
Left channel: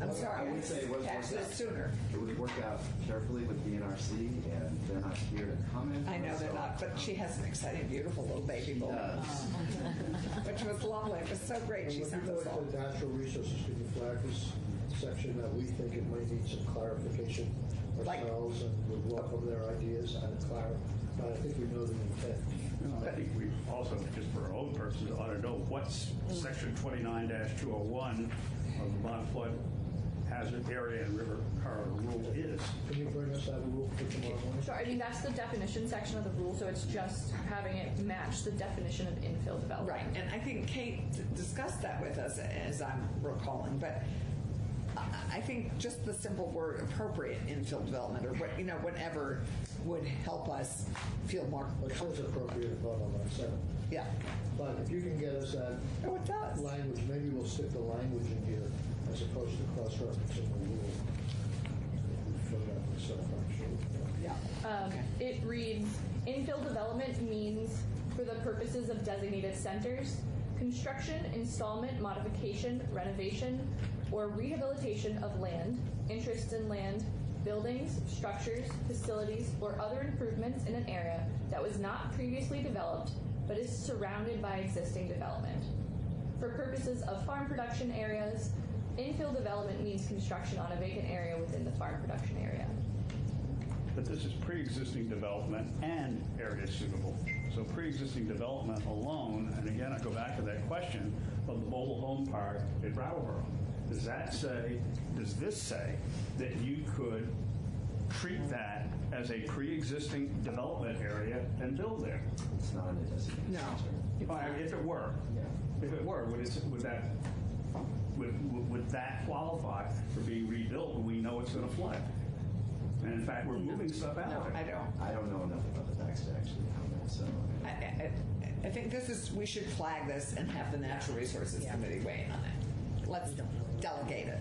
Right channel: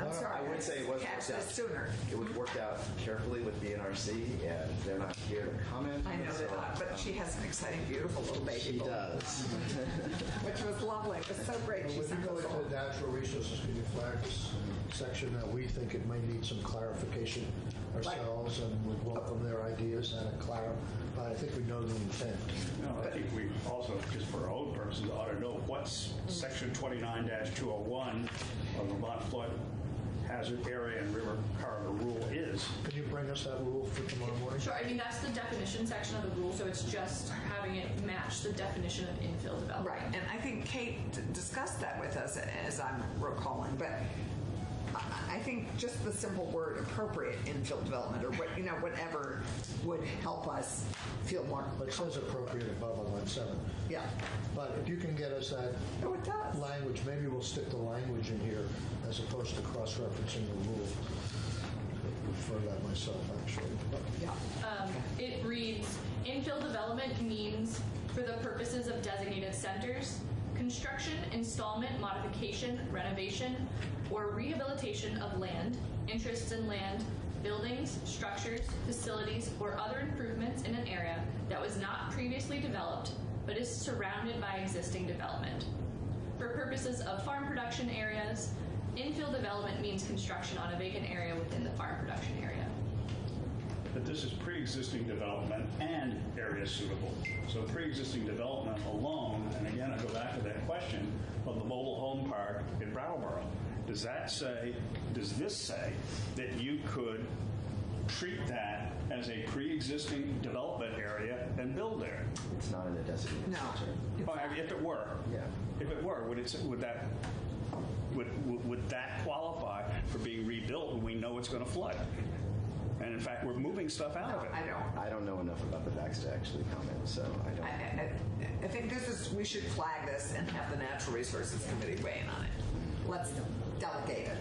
I'm sorry, I would say it was catch worked this out. sooner. It would work out carefully with the NRC, and they're not here to comment. I know they're not, but she has an exciting, beautiful little baby She boy. does. Which was lovely. It was so great. She When sent you go us all. into Natural Resources, can you flag this section that we think it may need some clarification ourselves, and we'll welcome their ideas and clarify. I think we know the intent. No, I think we also, just for our own purposes, ought to know what's section 29-201 of the Vermont Flood Hazard Area and River Corridor Rule is. Can you bring us that rule for tomorrow morning? Sure, I mean, that's the definition section of the rule, so it's just having it match the definition of infill development. Right, and I think Kate discussed that with us, as I'm recalling, but I think just the simple word appropriate infill development, or what, whatever, would help us feel more It says comfortable. appropriate above on line 7. Yeah. But if you can get us that Oh, it does. language, maybe we'll stick the language in here as opposed to cross-referencing the rule. I prefer that myself, actually. But Yeah. It reads, infill development means for the purposes of designated centers, construction, installment, modification, renovation, or rehabilitation of land, interests in land, buildings, structures, facilities, or other improvements in an area that was not previously developed but is surrounded by existing development. For purposes of farm production areas, infill development means construction on a vacant area within the farm production area. That this is pre-existing development and area suitable. So pre-existing development alone, and again, I go back to that question of the mobile home park in Brattleboro. Does this say that you could treat that as a pre-existing development area and build there? It's not in a designated No. center. Well, I mean, if it were, Yeah. would that qualify for being rebuilt when we know it's going to flood? And in fact, we're moving stuff out No, of it. I I don't know enough about the facts to actually comment, so I don't. I think we should flag this and have the Natural Resources Committee weigh in on it. Let's delegate it.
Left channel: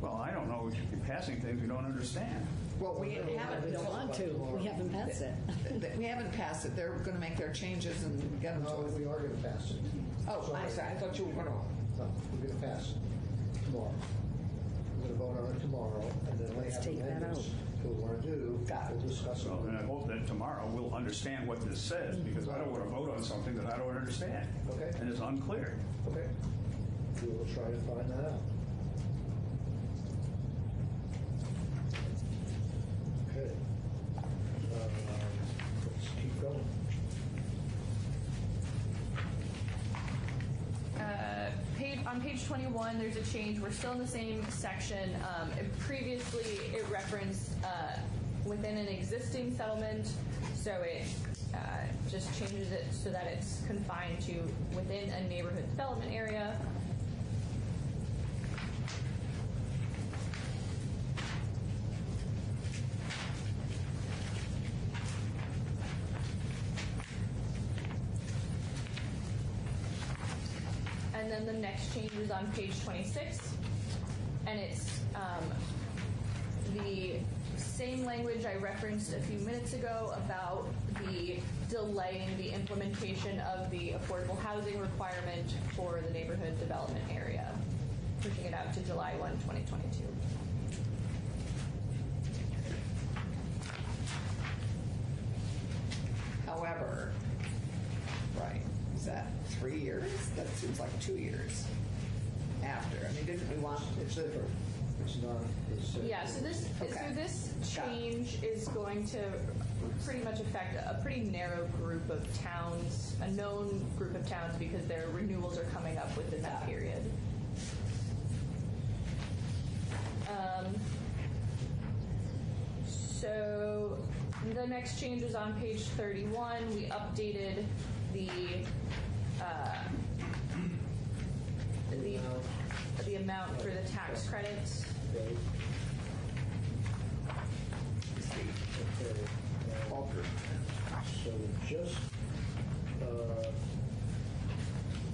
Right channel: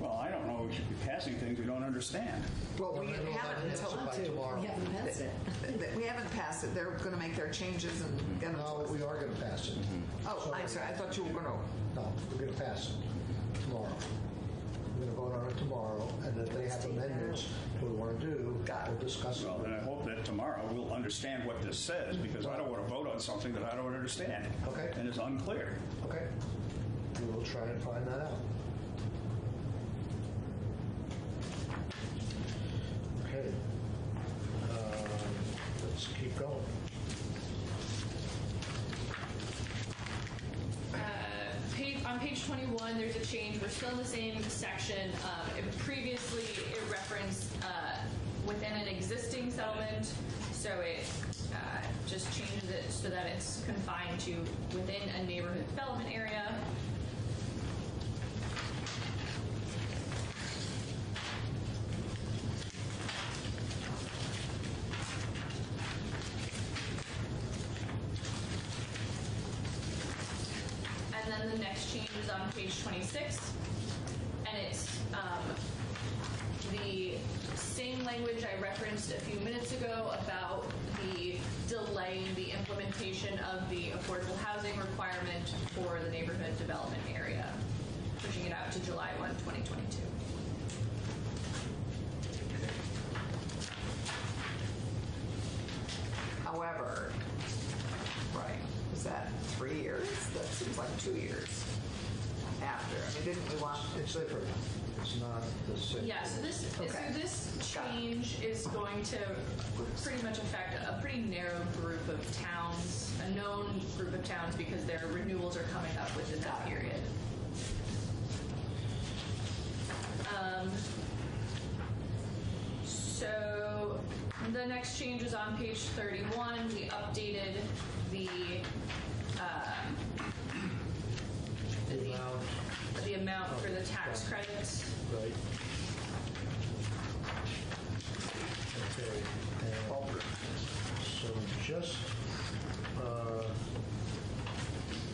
Well, I don't know, we should be passing things we don't understand. Well, we haven't until, by tomorrow. We haven't passed it. we haven't passed it. They're going to make their changes and get them. No, we are going to pass it. Oh, I'm sorry. I thought you were going to. No, we're going to pass it tomorrow. We're going to vote on it tomorrow, and then they have Take that amendments we want to do. We'll discuss it. Well, then I hope that tomorrow we'll understand what this says, because I don't want to vote on something that I don't understand. Okay. And is unclear. Okay. We will try and find that out. Okay. page 21, there's a change. We're still in the same section. Previously, it referenced within an existing settlement, so it just changes it so that it's confined to within a neighborhood development area. And then the next change is on page 26, and it's the same language I referenced a few minutes ago about the delaying the implementation of the affordable housing requirement for the neighborhood development area, pushing it out to July 1, 2022. However, right, was that 3 years? That seems like 2 years after. I mean, didn't we want? It's different. It's not the same. Yeah, so this change is going to pretty much affect a pretty narrow group of towns, a known group of towns, because their renewals are coming up within that period. So the next change is on page 31. We updated the amount for the tax credits. Right. Okay. And so just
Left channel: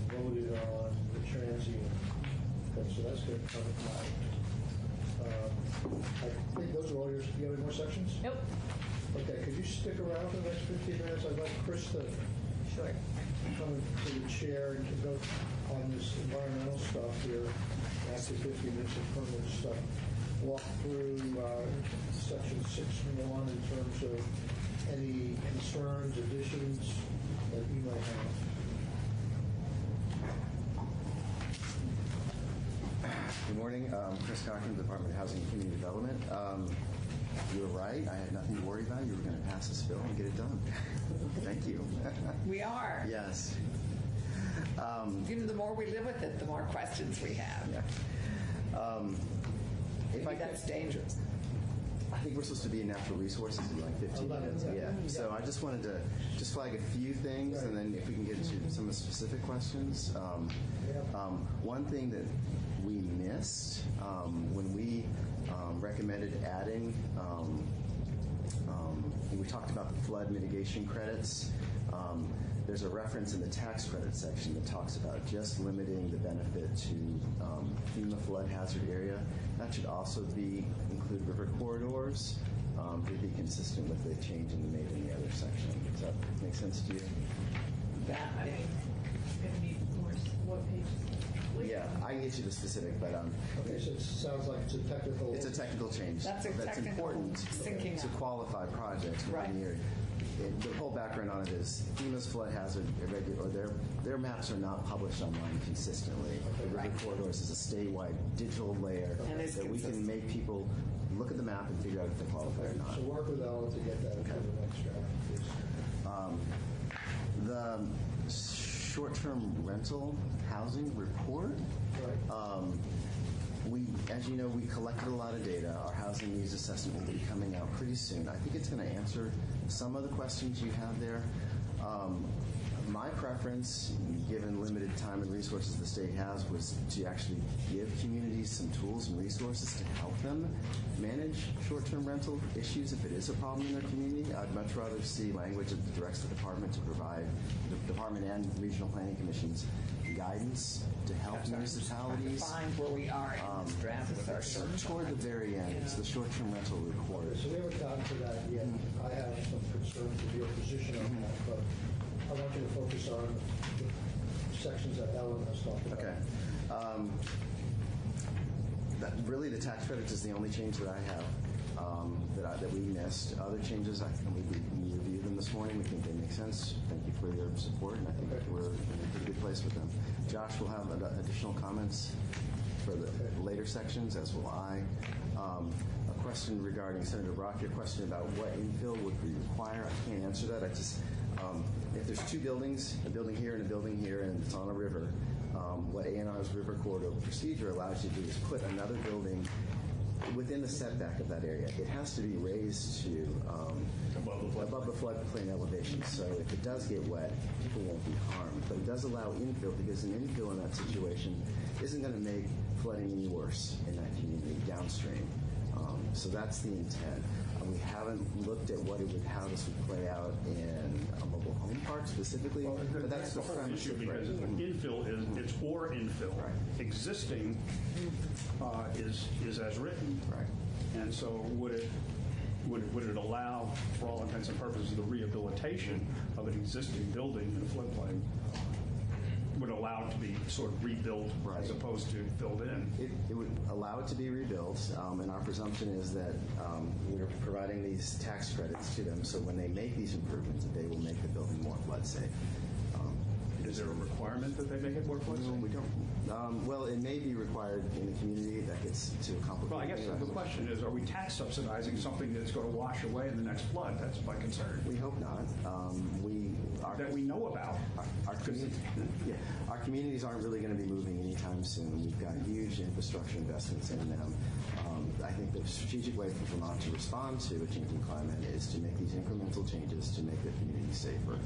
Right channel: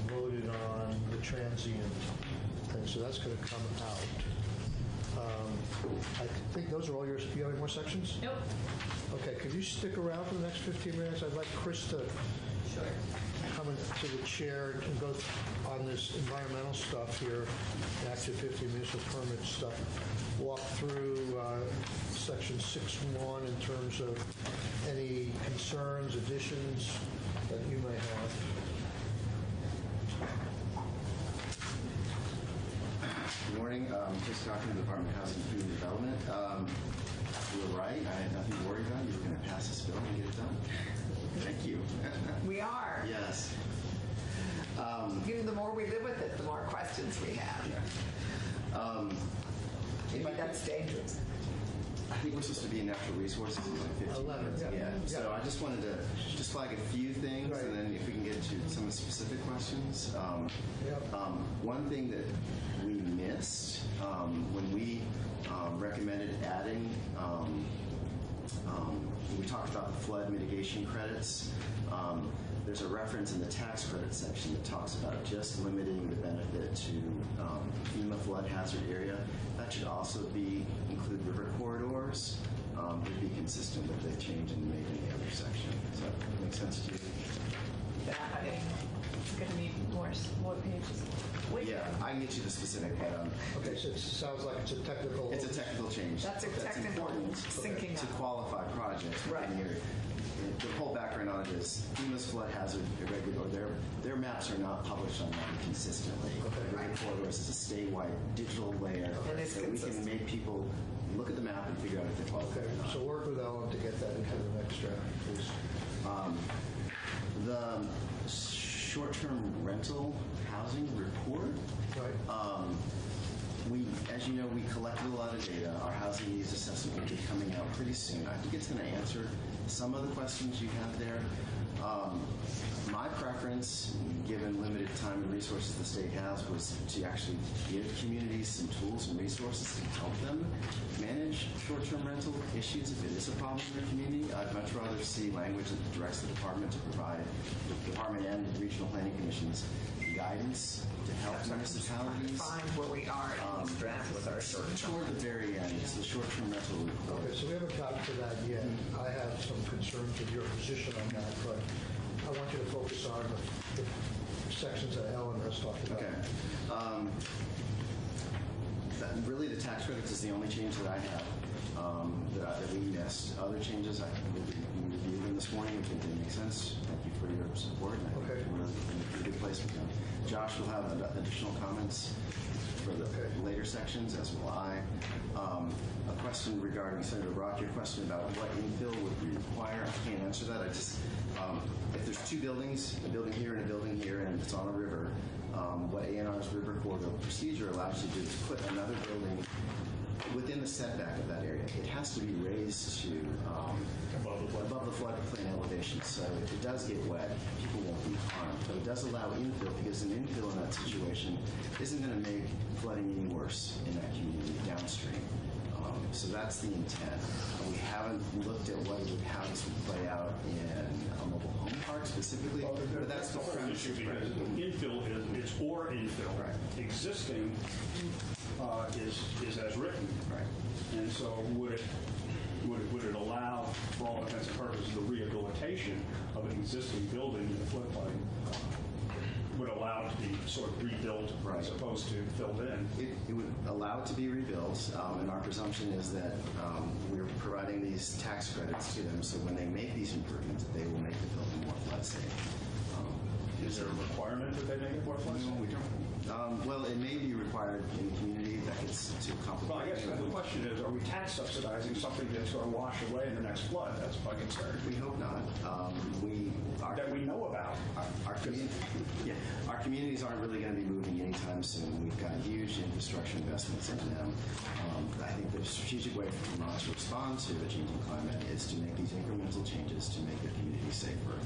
voted on the transient thing, so that's going to come out. I think those are all yours. Do you have any more sections? Nope. Okay, could you stick around for the next 15 minutes? I'd like Chris to come to the chair to go on this environmental stuff here, after 50 municipal permit stuff, walk through section 6.1 in terms of any concerns, additions that you might have. Good morning. Chris Cochran, Department of Housing and Community Development. You were right. I had nothing to worry about. You were going to pass this bill and get it done. Thank you. We are. Yes. The more we live with it, the more questions we have. Yeah. Maybe that's dangerous. I think we're supposed to be in natural resources in like 15 minutes. Yeah. So I just wanted to just flag a few things, and then if we can get into some of the specific questions. One thing that we missed when we recommended adding, when we talked about the flood mitigation credits, there's a reference in the tax credit section that talks about just limiting the benefit to FEMA flood hazard area. That should also include river corridors to be consistent with the change in the other section. Does that make sense to you? That I think it's going to need more pages. Yeah, I can get you the specific, but Okay, so it sounds like it's a technical. it's a technical change. That's a technical important sinking to out. qualify projects within the area. The whole background on it is FEMA's flood hazard irregular, or their maps are not published online consistently. River corridors is a statewide digital layer that we can make people look at the map and figure out if they qualify or not. So work with Ellen to get that into the next draft, please. The short-term rental housing report. Right. As you know, we collected a lot of data. Our housing needs assessment will be coming out pretty soon. I think it's going to answer some of the questions you have there. My preference, given limited time and resources the state has, was to actually give communities some tools and resources to help them manage short-term rental issues if it is a problem in their community. I'd much rather see language that directs the department to provide, the department and regional planning commissions, guidance to help municipalities. Find where we are in this draft with our short-term. Toward the very end, it's the short-term rental report. Okay, so we haven't gotten to that yet. I have some concerns with your position on that, but I want you to focus on the sections that Ellen has talked about. Okay. Really, the tax credits is the only change that I have that we missed. Other changes, I can review them this morning. We think they make sense. Thank you for your support, and I think we're in a pretty good place with them. Josh will have additional comments for the later sections, as will I. A question regarding Senator Brock, your question about what infill would require, I can't answer that. I just, if there's two buildings, a building here and a building here, and it's on a river, what A&R's river corridor procedure allows you to do is put another building within the setback of that area. It has to be raised to above the floodplain elevation, so if it does get wet, people won't be harmed. But it does allow infill, because an infill in that situation isn't going to make flooding any worse in that community downstream. So that's the intent. We haven't looked at how this would play out in a mobile home park specifically, but that's the part of the premise. issue, because infill it's or infill. Right. Existing is as written. Right. And so would it allow, for all intents and purposes, the rehabilitation of an existing building in the floodplain? Would allow it to be sort of rebuilt as opposed to filled in? It would allow it to be rebuilt, and our presumption is that we're providing these tax credits to them, so when they make these improvements, they will make the building more flood safe. Is there a requirement that they make it more flood safe? Well, it may be required in the community. That gets too complicated. Well, I guess the question is, are we tax subsidizing something that's going to wash away in the next flood? That's my concern. We hope not. That we know about. Our communities aren't really going to be moving anytime soon. We've got huge infrastructure investments in them. I think the strategic way for Vermont to respond to a changing climate is to make these incremental changes to make their communities safer.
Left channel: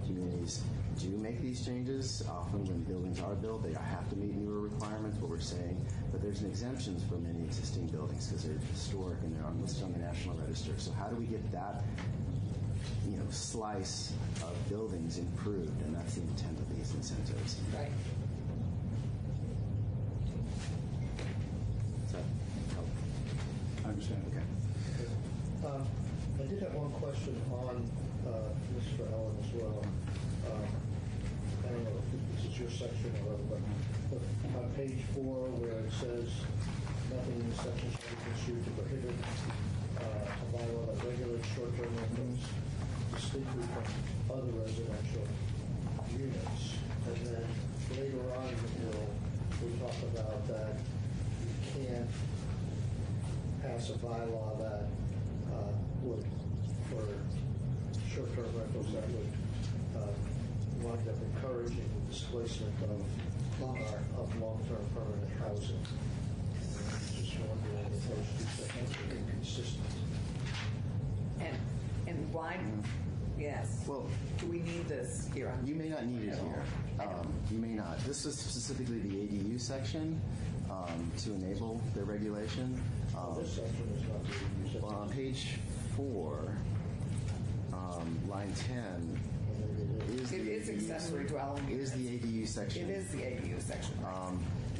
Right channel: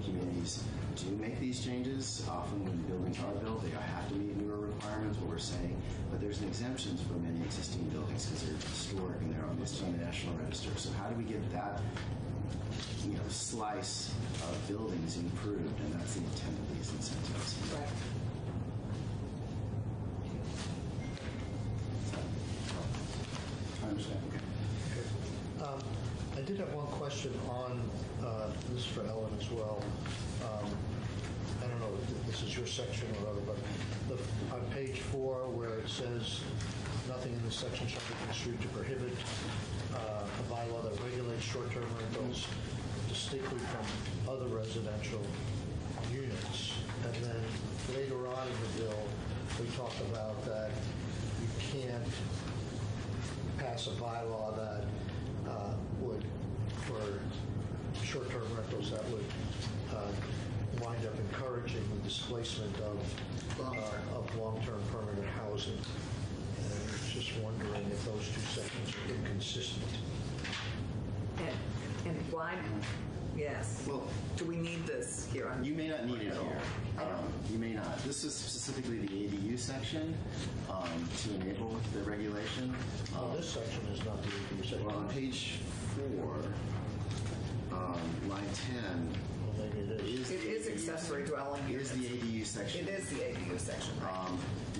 Communities do make these changes. Often when buildings are built, they have to meet newer requirements, what we're saying, but there's an exemptions for many existing buildings because they're historic and they're listed on the National Register. So how do we get that slice of buildings improved? And that's the intent of these incentives. Right. I understand. Okay. I did have one question on this for Ellen as well. I don't know if this is your section or, but on page 4 where it says nothing in this section shall be construed to prohibit a bylaw that regulates short-term rentals distinctly from other residential units. And then later on in the bill, we talk about that you can't pass a bylaw that would, for short-term rentals, that would wind up encouraging the displacement of long-term permanent housing. And I was just wondering if those two sections are inconsistent. And why? Yes. Well, do we need this here? You may not need it here. You may not. This is specifically the ADU section to enable the regulation. This section is not the ADU section. Well, on page 4, line 10, It is accessory dwelling. It is the ADU section. It is the ADU section, right?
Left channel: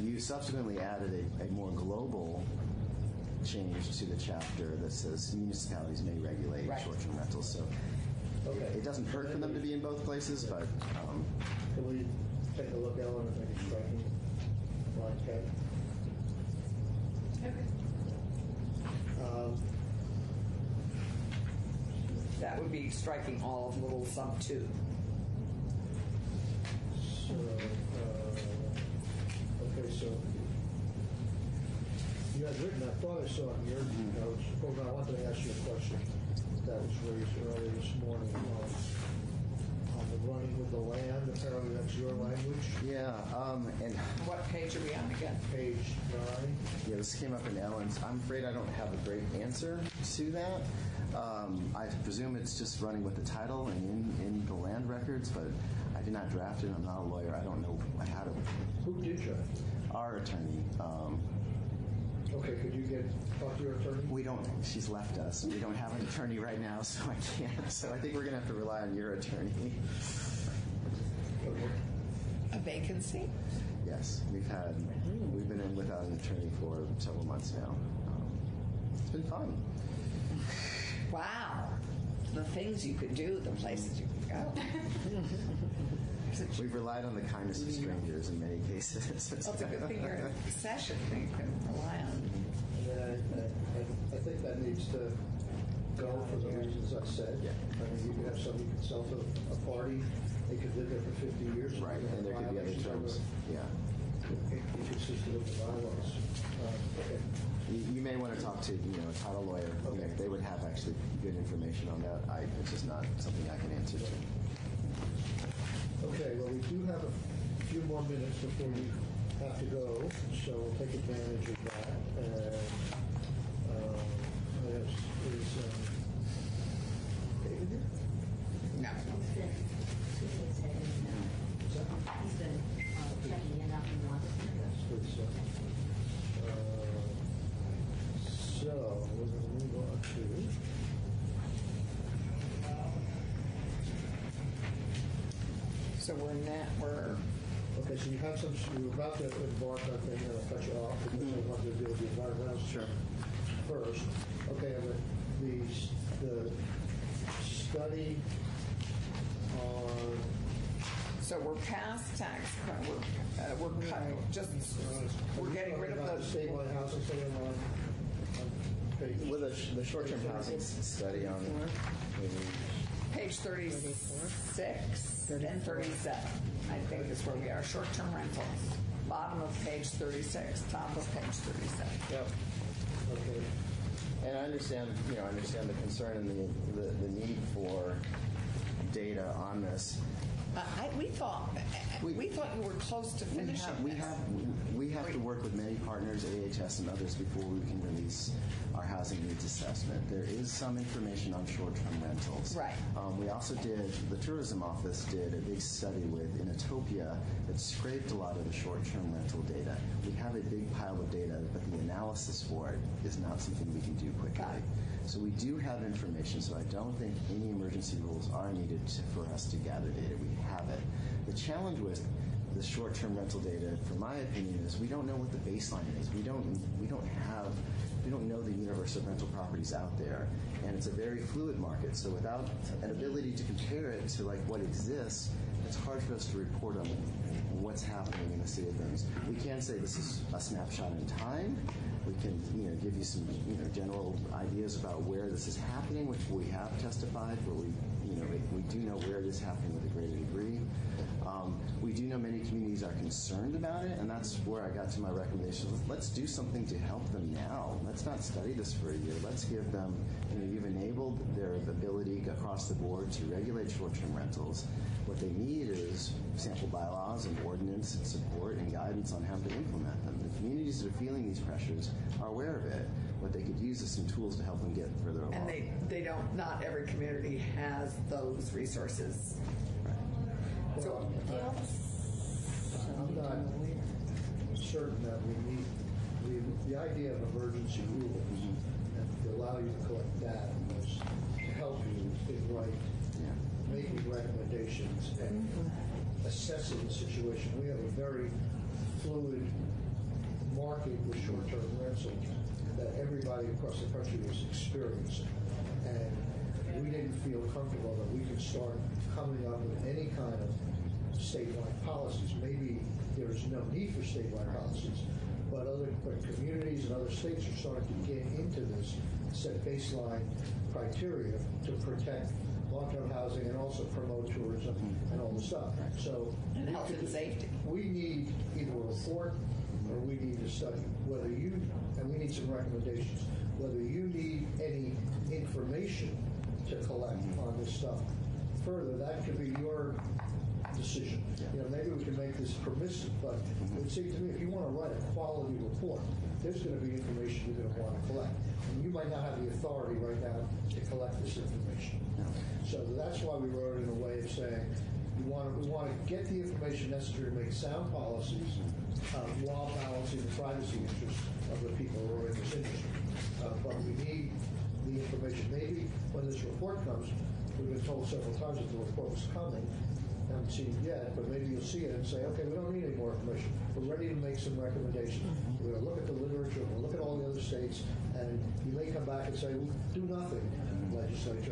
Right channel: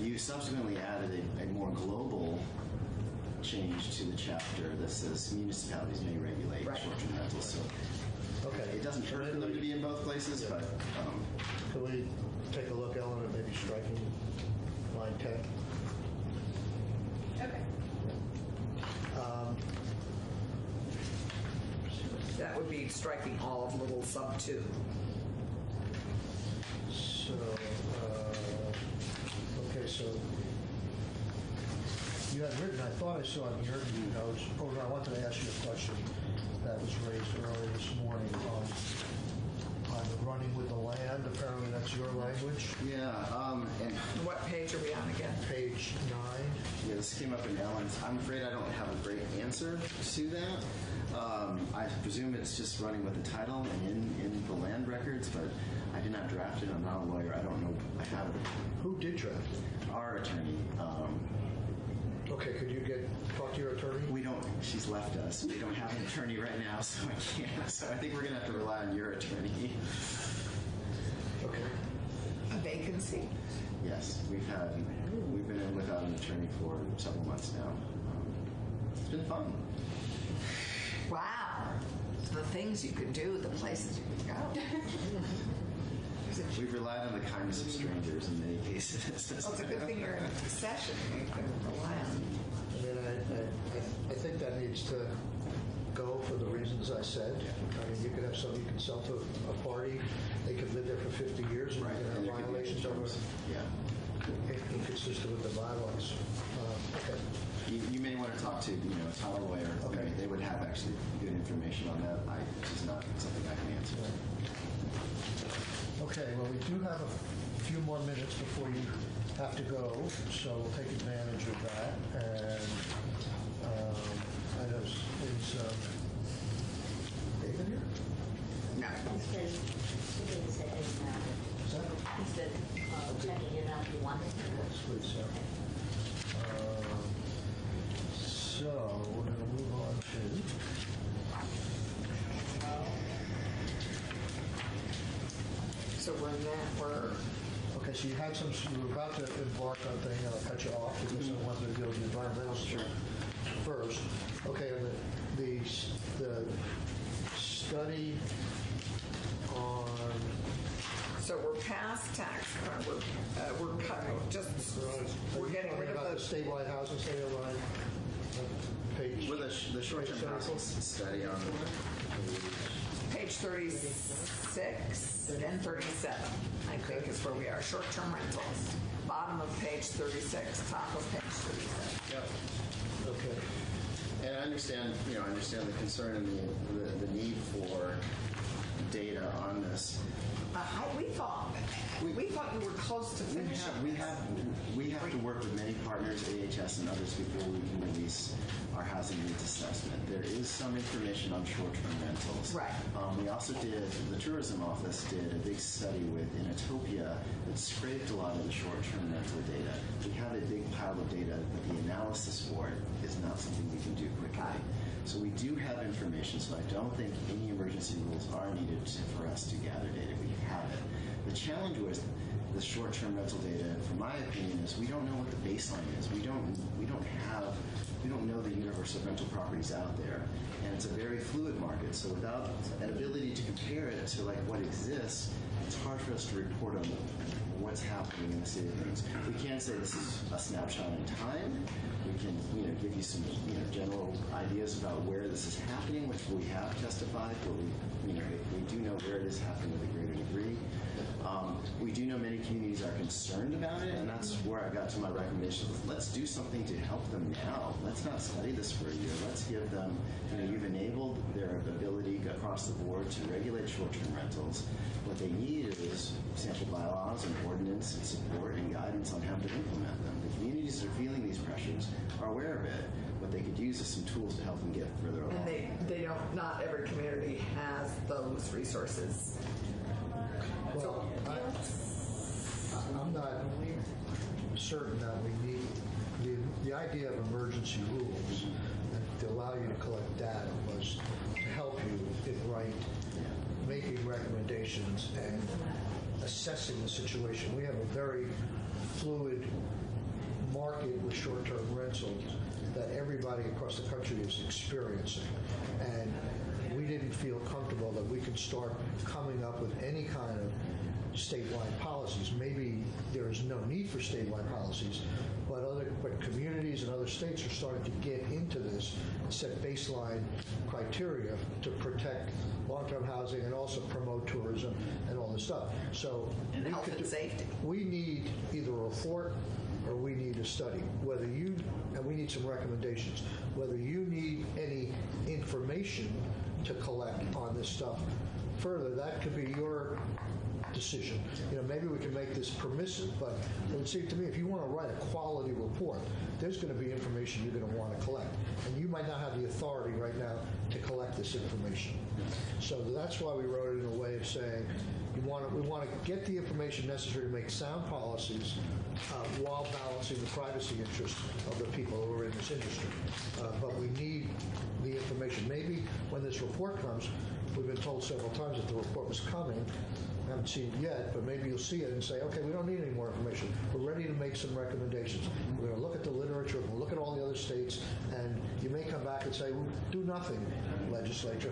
You subsequently added a more global change to the chapter that says municipalities may regulate short-term rentals. So, okay, it doesn't hurt for them to be in both places, but can we take a look, Ellen, at maybe striking line 10? Okay. That would be striking all of little sub 2. So, okay, so you had written, I thought I saw it in your notes, I wanted to ask you a question that was raised earlier this morning on running with the land. Apparently that's your language. yeah. And What page are we on again? Page 9. yeah, this came up in Ellen's. I'm afraid I don't have a great answer to that. I presume it's just running with the title and in the land records, but I did not draft it. I'm not a lawyer. I don't know how to. Who did draft it? Our attorney. Okay, could you talk to your attorney? We don't. She's left us. We don't have an attorney right now, so I can't. So I think we're going to have to rely on your attorney. Okay. A vacancy? Yes, we've been in without an attorney for several months now. It's been fun. Wow. The things you could do, the places you could go. We've relied on the kindness of strangers in many cases. Well, it's a good thing you're in a session. You can rely on. I think that needs to go for the reasons I said. I mean, you could have somebody consult a party, they could live there for 50 years, and And there could be violations are inconsistent with the bylaws. Okay. You may want to talk to a title lawyer. Okay. They would have actually good information on that. It's just not something I can answer. Okay, well, we do have a few more minutes minutes before you have to go, so we'll take advantage of that. And is David here? No. He's been shooting his head in now. He's been checking it out. He wanted to. That's good, so. So, we're going to move on to... So we're in that, Okay, so you had some, you were about to embark on thing, and I'll cut you off, because I wanted to deal with the environmental stuff first. Okay, the study on, so we're past tax, we're cutting, we're getting rid about of the the, statewide housing study on page. With the short-term housing study on page 36 and 37, I think is where we are, short-term rentals. Bottom of page 36, top of page 37. Yep. Okay. And I understand the concern and the need for data on this. We thought you were close to finishing. We have to work with many partners, AHS and others, before we can release our housing needs assessment. There is some information on short-term rentals. Right. We also the tourism office did a big study with Inutopia that scraped a lot of the short-term rental data. We have a big pile of data, but the analysis for it is not something we can do quickly. So we do have information, so I don't think any emergency rules are needed for us to gather data. We have it. The challenge with the short-term rental data, from my opinion, is we don't know what the baseline is. We don't know the universe of rental properties out there, and it's a very fluid market. So without an ability to compare it to like what exists, it's hard for us to report on what's happening in the state of things. We can say this is a snapshot in time. We can, give you some, general ideas about where this is happening, which we have testified, but we do know where it is happening to a greater degree. We do know many communities are concerned about it, and that's where I got to my recommendation. Let's do something to help them now. Let's not study this for a year. Let's give them, you've enabled their ability across the board to regulate short-term rentals. What they need is sample bylaws and ordinance and support and guidance on how to implement them. The communities that are feeling these pressures are aware of it. What they could use is some tools to help them get further along. And they don't, not every community has those resources. Well, I'm not certain that we need the idea of emergency rules to allow you to collect data was to help you in making recommendations and assessing the situation. We have a very fluid market with short-term rentals that everybody across the country is experiencing. And we didn't feel comfortable that we could start coming up with any kind of statewide policies. Maybe there's no need for statewide policies, but communities and other states are starting to get into this and set baseline criteria to protect long-term housing and also promote tourism and all this stuff. So and health and safety. We need either a report or we need a study. And we need some recommendations. Whether you need any information to collect on this stuff further, that could be your decision. Maybe we can make this permissive, but it would seem to me if you want to write a quality report, there's going to be information you're going to want to collect. And you might not have the authority right now to collect this information. So that's why we wrote it in a way of saying we want to get the information necessary to make sound policies while balancing the privacy interests of the people who are in this industry. But we need the information. Maybe when this report comes, we've been told several times that the report was coming. I haven't seen it yet, but maybe you'll see it and say, okay, we don't need any more information. We're ready to make some recommendations. We're going to look at the literature, we'll look at all the other states, and you may come back and say, well, do nothing, legislature.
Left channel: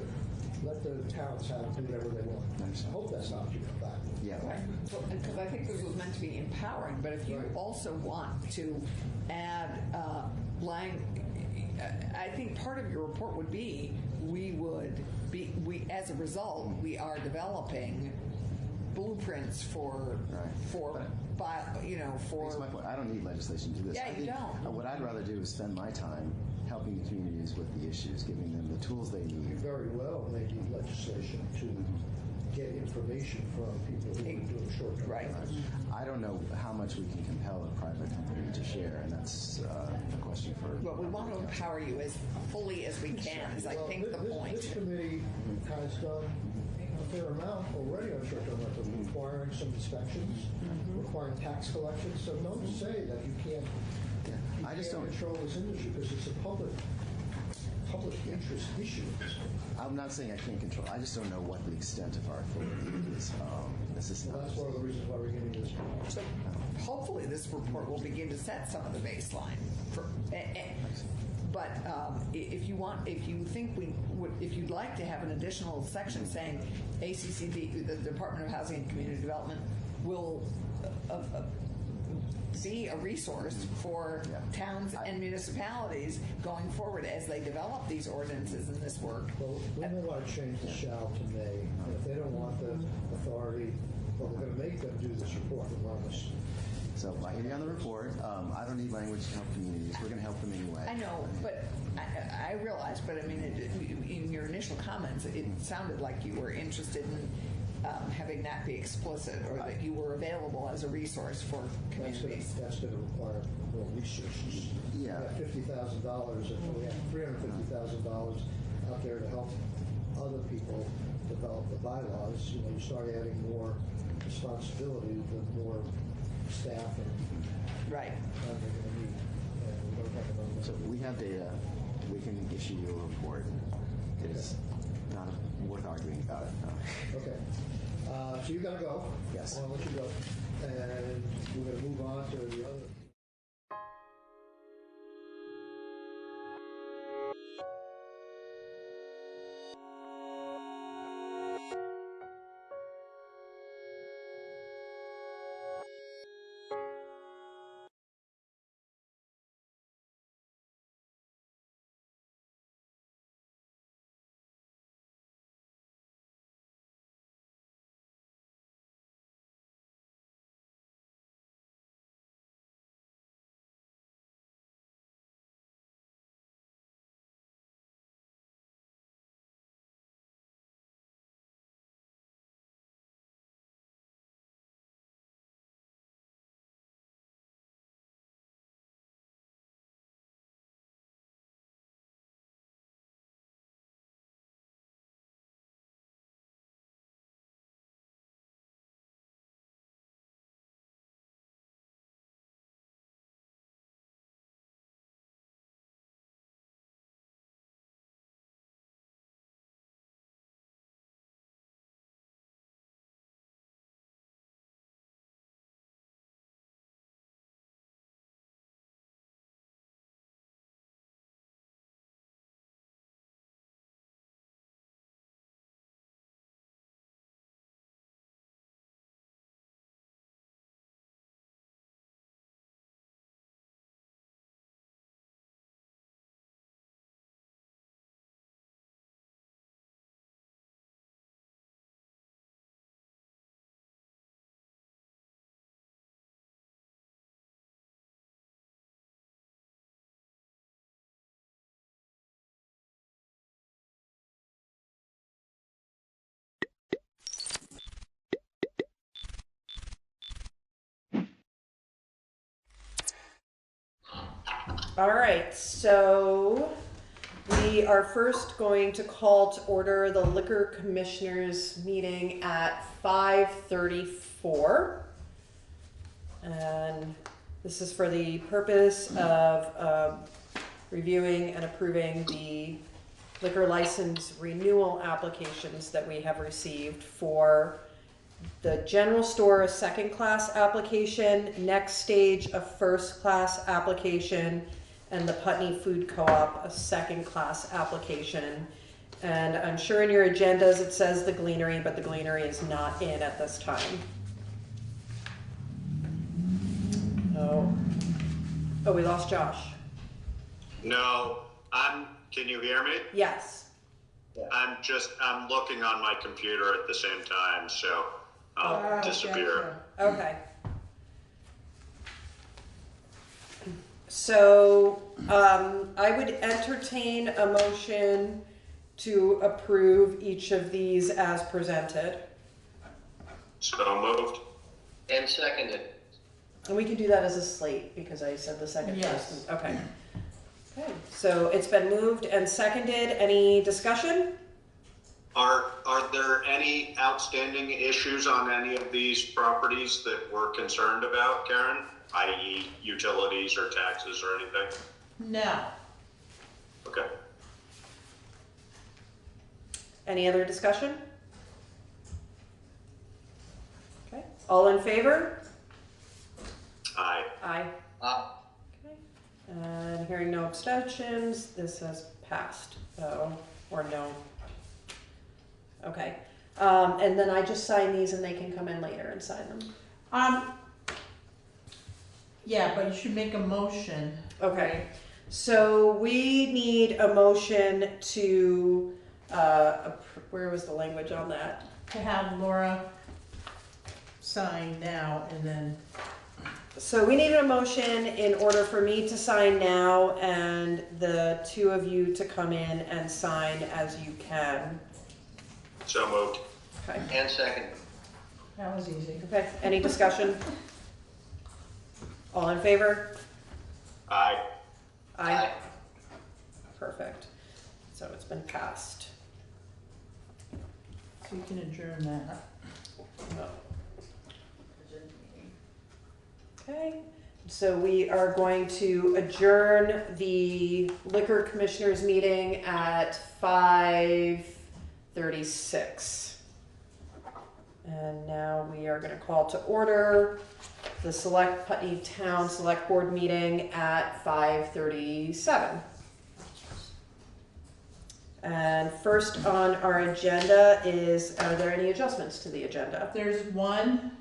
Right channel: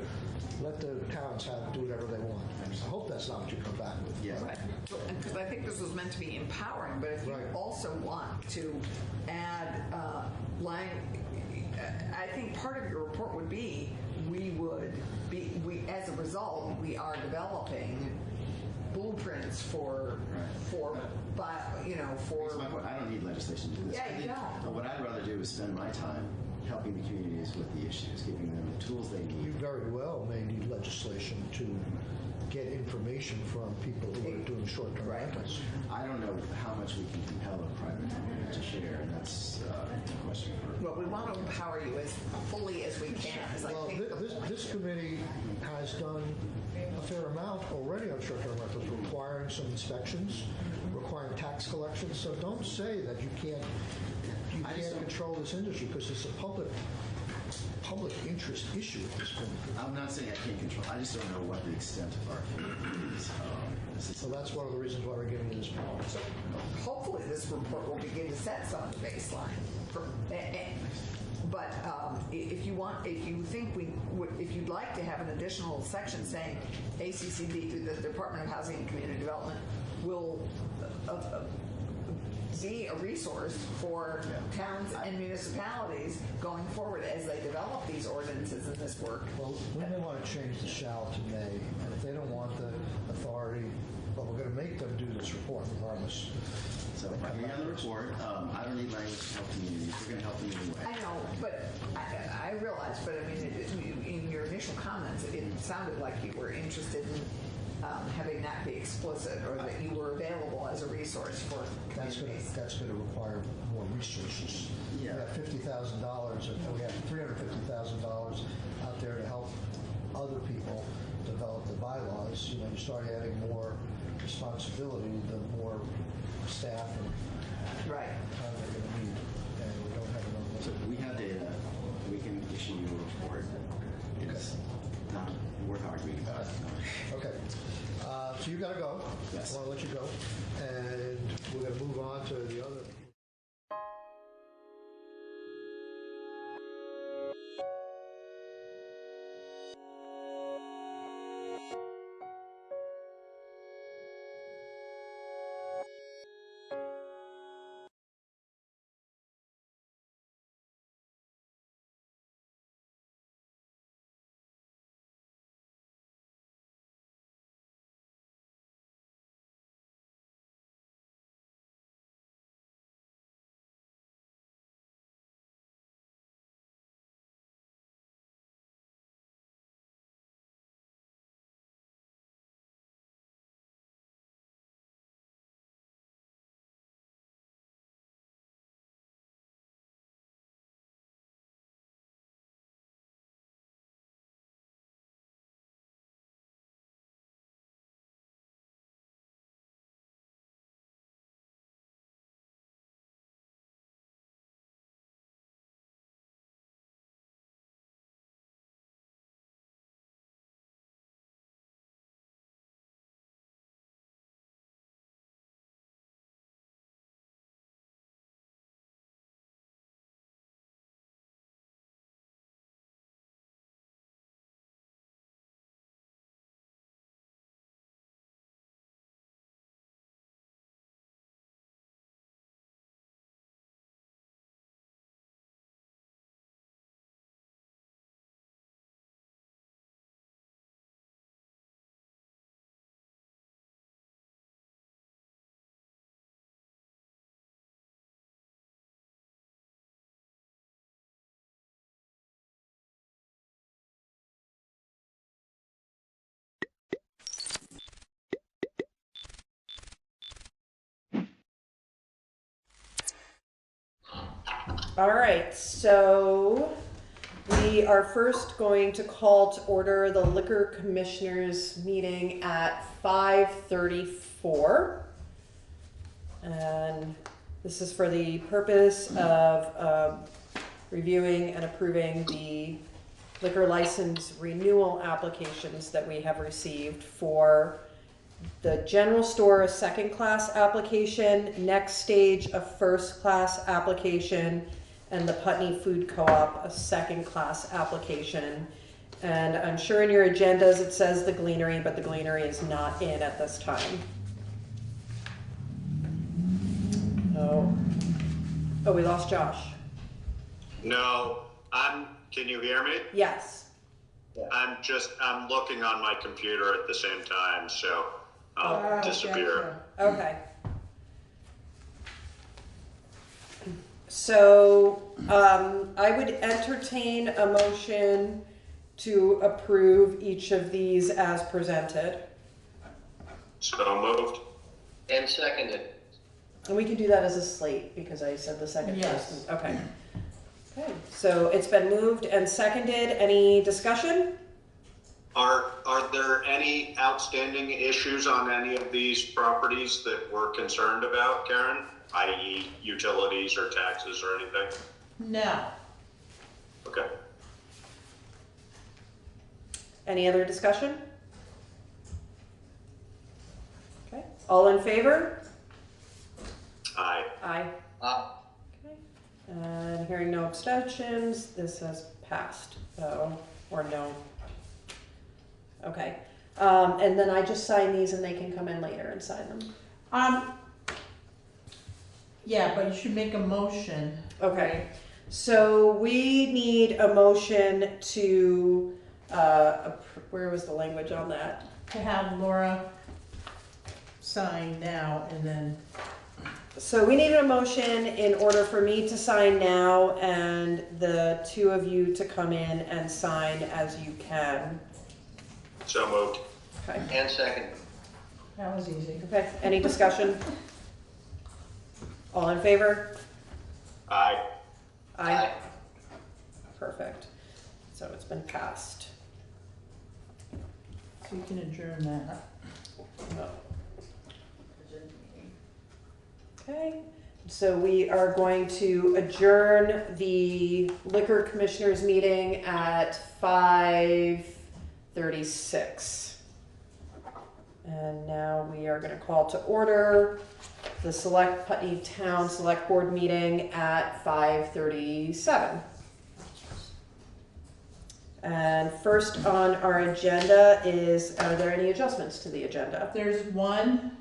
Let the towns do whatever they want. I hope that's not what you come back with. Yeah. Right. Because I think this was meant to be empowering, but if you also want to add line, I think part of your report would be we as a result, we are developing blueprints for That's my point. I don't need legislation to do this. Yeah, you don't. What I'd rather do is spend my time helping the communities with the issues, giving them the tools they need. You very well may need legislation to get information from people who are doing short-term rentals. I don't know how much we can compel a private company to share. That's a question for. Well, we want to empower you as fully as we can, as I Well, think the point. this committee has done a fair amount already on short-term rentals, requiring some inspections, requiring tax collections. So don't say that you can't control this industry, because it's a public interest issue. I'm not saying I can't control. I just don't know what the extent of our authority is. So that's one of the reasons why we're giving you this report. So hopefully this report will begin to set some of the baseline. But if you want, if you think if you'd like to have an additional section saying ACCD, the Department of Housing and Community Development, will be a resource for towns and municipalities going forward as they develop these ordinances and this work. Well, we may want to change the shall to may. If they don't want the authority, well, we're going to make them do this report regardless. So you're on the report. I don't need language to help communities. We're going to help them either way. I know, but I realize, but I mean, in your initial comments, it sounded like you were interested in having that be explicit, or that you were available as a resource for communities. That's going to require more resources. Yeah. $50,000, we have $350,000 out there to help other people develop the bylaws. You know, you start adding more responsibility, the more staff and Right. and we don't have enough. So we have data. We can issue you a report. It's not worth arguing about it. No. Okay. So you got to go. Yes. I want to let you go. And we're going to move on to the other. All right, so we are first going to call to order the Liquor Commissioners meeting at 5:34. And this is for the purpose of reviewing and approving the liquor license renewal applications that we have received for the general store, a second class application, Next Stage, a first class application, and the Putney Food Co-op, a second class application. And I'm sure in your agendas it says the Gleanery, but the Gleanery is not in at this time. Oh, we lost Josh. No, can you hear me? Yes. I'm looking on my computer at the same time, so I'll disappear. Gotcha. Okay. So, I would entertain a motion to approve each of these as presented. So moved. And seconded. And we can do that as a slate, because I said the second Yes. person. Okay. Okay, so it's been moved and seconded. Any discussion? Are there any outstanding issues on any of these properties that we're concerned about, Karen? I.e. utilities or taxes or anything? No. Okay. Any other discussion? Okay, all in favor? Aye. Aye. Okay, and hearing no abstentions, this has passed, or no. Okay, and then I just sign these and they can come in later and sign them. Yeah, but you should make a motion. Okay, so we need a motion to, where was the language on that? To have Laura sign now and then, So we need a motion in order for me to sign now and the two of you to come in and sign as you can. So moved. Okay, And second. that was easy. okay, any discussion? All in favor? Aye. Aye. Perfect. So it's been passed. So you can adjourn that. Okay, so we are going to adjourn the Liquor Commissioners meeting at 5:36. And now we are gonna call to order the Putney Town Select Board meeting at 5:37. And first on our agenda is, are there any adjustments to the agenda? There's one,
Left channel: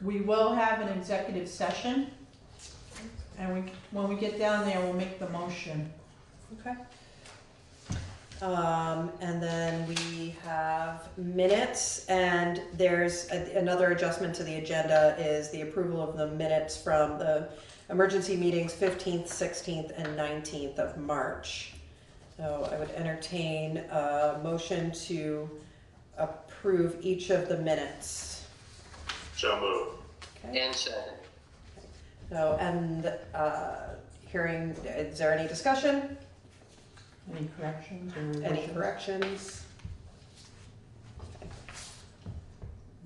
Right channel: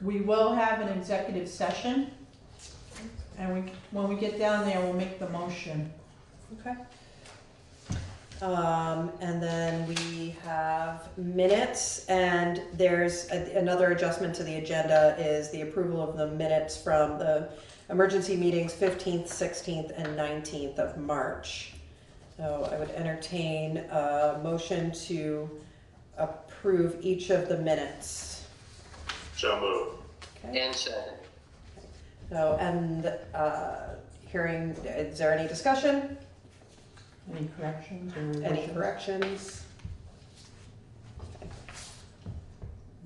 we will have an executive session. And when we get down there, we'll make the motion. Okay. And then we have minutes, and there's another adjustment to the agenda is the approval of the minutes from the emergency meetings 15th, 16th, and 19th of March. So I would entertain a motion to approve each of the minutes. So moved. Okay. And second. So, and hearing, is there any discussion? Any corrections or Any revisions? corrections?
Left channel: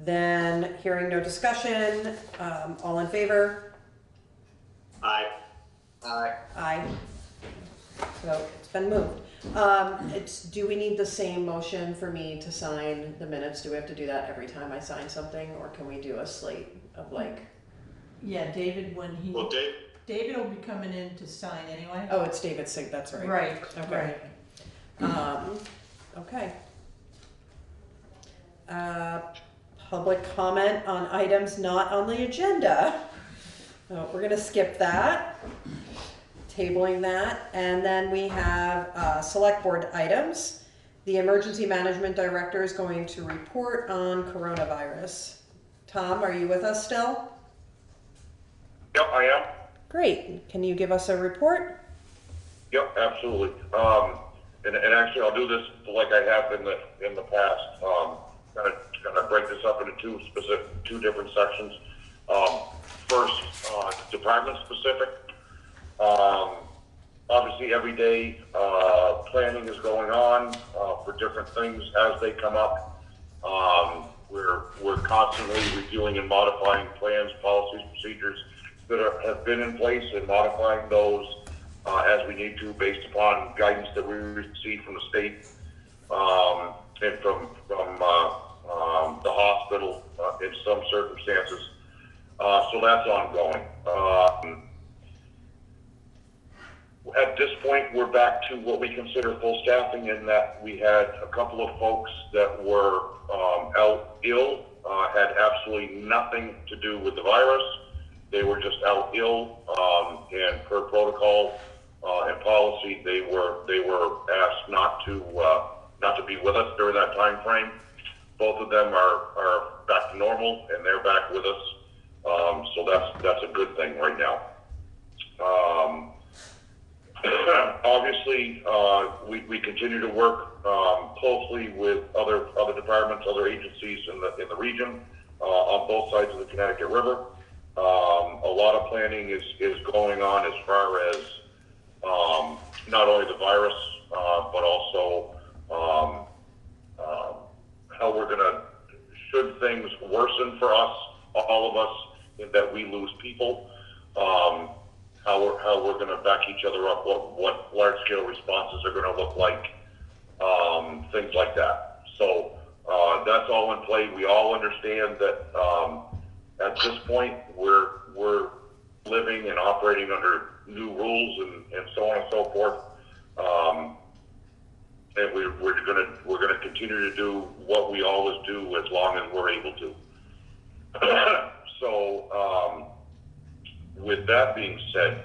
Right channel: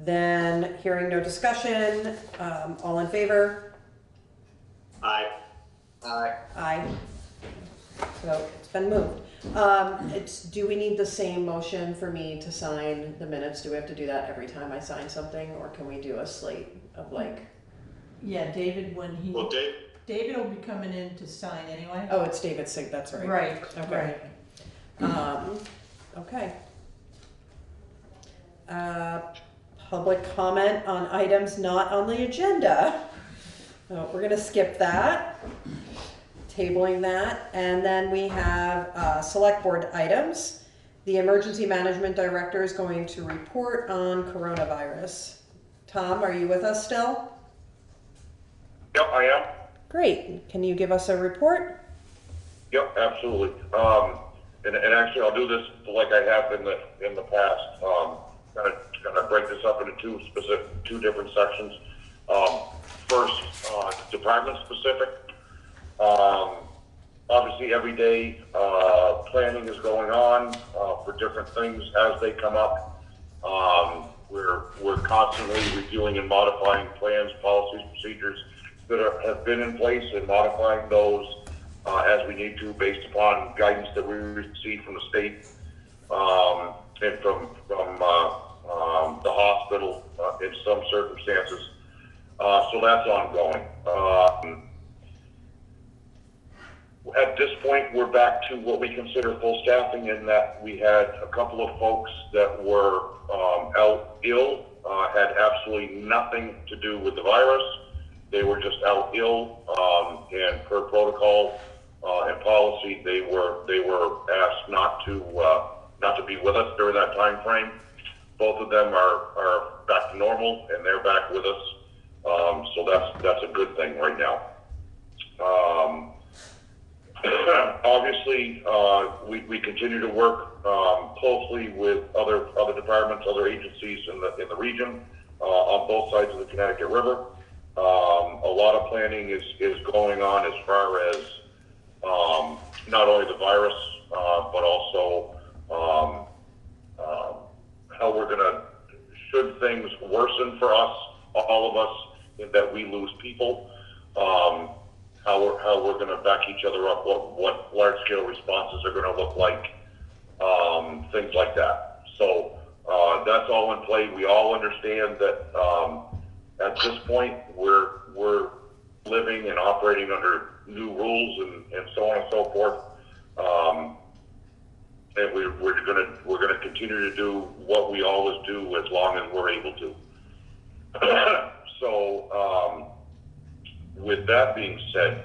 Then, hearing no discussion, all in favor? Aye. Aye. Aye. So, it's been moved. Do we need the same motion for me to sign the minutes? Do we have to do that every time I sign something, or can we do a slate of like? Yeah, David, Well, David will be coming in to sign anyway. Oh, it's David's sig, that's right. Right, Okay. right. Okay. Public comment on items not on the agenda. So we're gonna skip that, tabling that, and then we have, select board items. The emergency management director is going to report on coronavirus. Tom, are you with us still? Yep, I am. Great, can you give us a report? Yep, absolutely. And actually, I'll do this like I have in the past. Gonna break this up into two different sections. First, department specific. Obviously, every day planning is going on for different things as they come up. We're constantly reviewing and modifying plans, policies, procedures that have been in place, and modifying those as we need to, based upon guidance that we receive from the state and from the hospital in some circumstances. So that's ongoing. At this point, we're back to what we consider full staffing, in that we had a couple of folks that were out ill, had absolutely nothing to do with the virus. They were just out ill, and per protocol and policy, they were asked not to be with us during that time frame. Both of them are back to normal, and they're back with us. So that's a good thing right now. Obviously, we continue to work closely with other departments, other agencies in the region. on both sides of the Connecticut River. A lot of planning is going on as far as not only the virus, but also how we're going to, should things worsen for us, all of us, in that we lose people, how we're going to back each other up, what large-scale responses are going to look like, things like that. So that's all in play. We all understand that at this point we're living and operating under new rules and so on and so forth. And we're gonna continue to do what we always do as long as we're able to. So with that being said,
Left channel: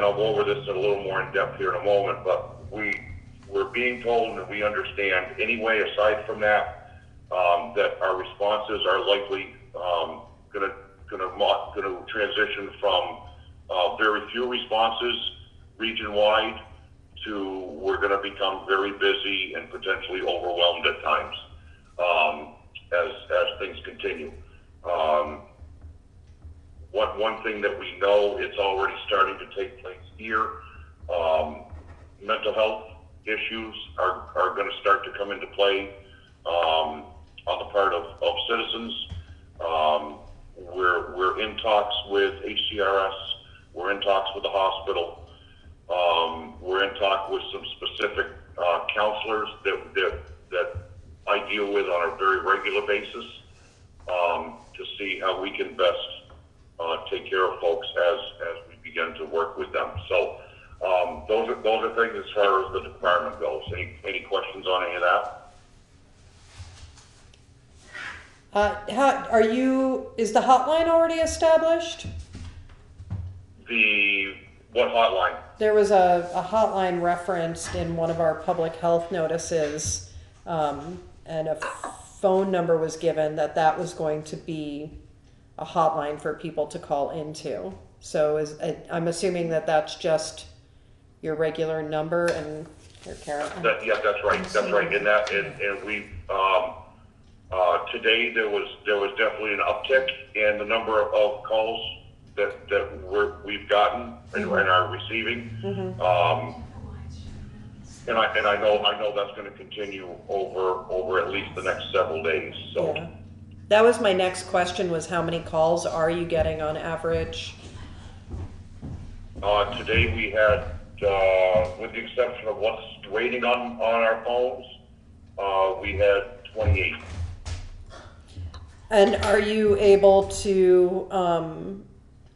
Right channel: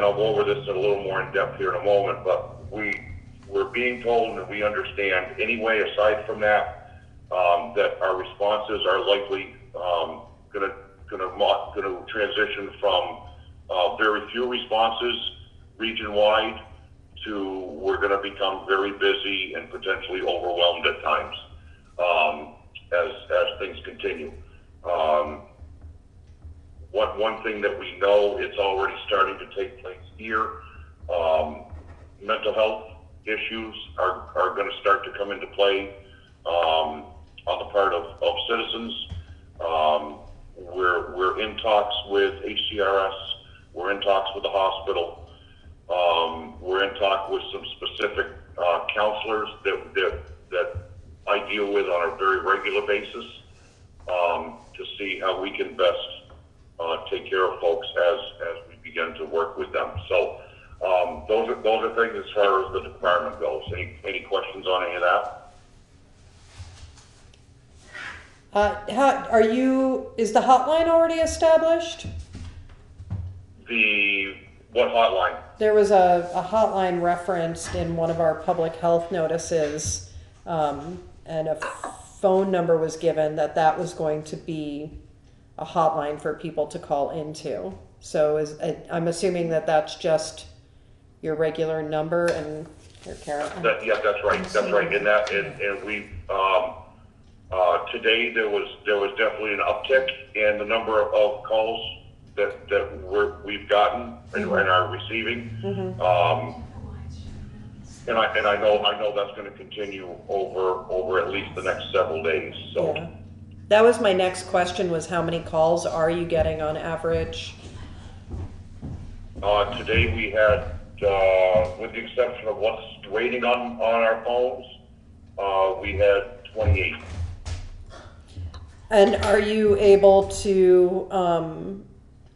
I'll go over this a little more in depth here in a moment, but we're being told, and we understand anyway, aside from that, that our responses are likely going to transition from very few responses region-wide to we're going to become very busy and potentially overwhelmed at times as things continue. One thing that we know, it's already starting to take place here. Mental health issues are going to start to come into play on the part of citizens. We're in talks with HCRS. We're in talks with the hospital. We're in talk with some specific counselors that I deal with on a very regular basis to see how we can best take care of folks as we begin to work with them. So those are things as far as the department goes. Any questions on any of that? Is the hotline already established? What hotline? There was a hotline referenced in one of our public health notices, and a phone number was given that was going to be a hotline for people to call into. So I'm assuming that's just your regular number, and here, Karen. Yeah, that's right. That's right. And we today there was definitely an uptick in the number of calls that we've gotten and are receiving. And I know that's going to continue over at least the next several days. So. Yeah. That was my next question, was how many calls are you getting on average? Today we had, with the exception of what's waiting on our phones, we had 28. And are you able to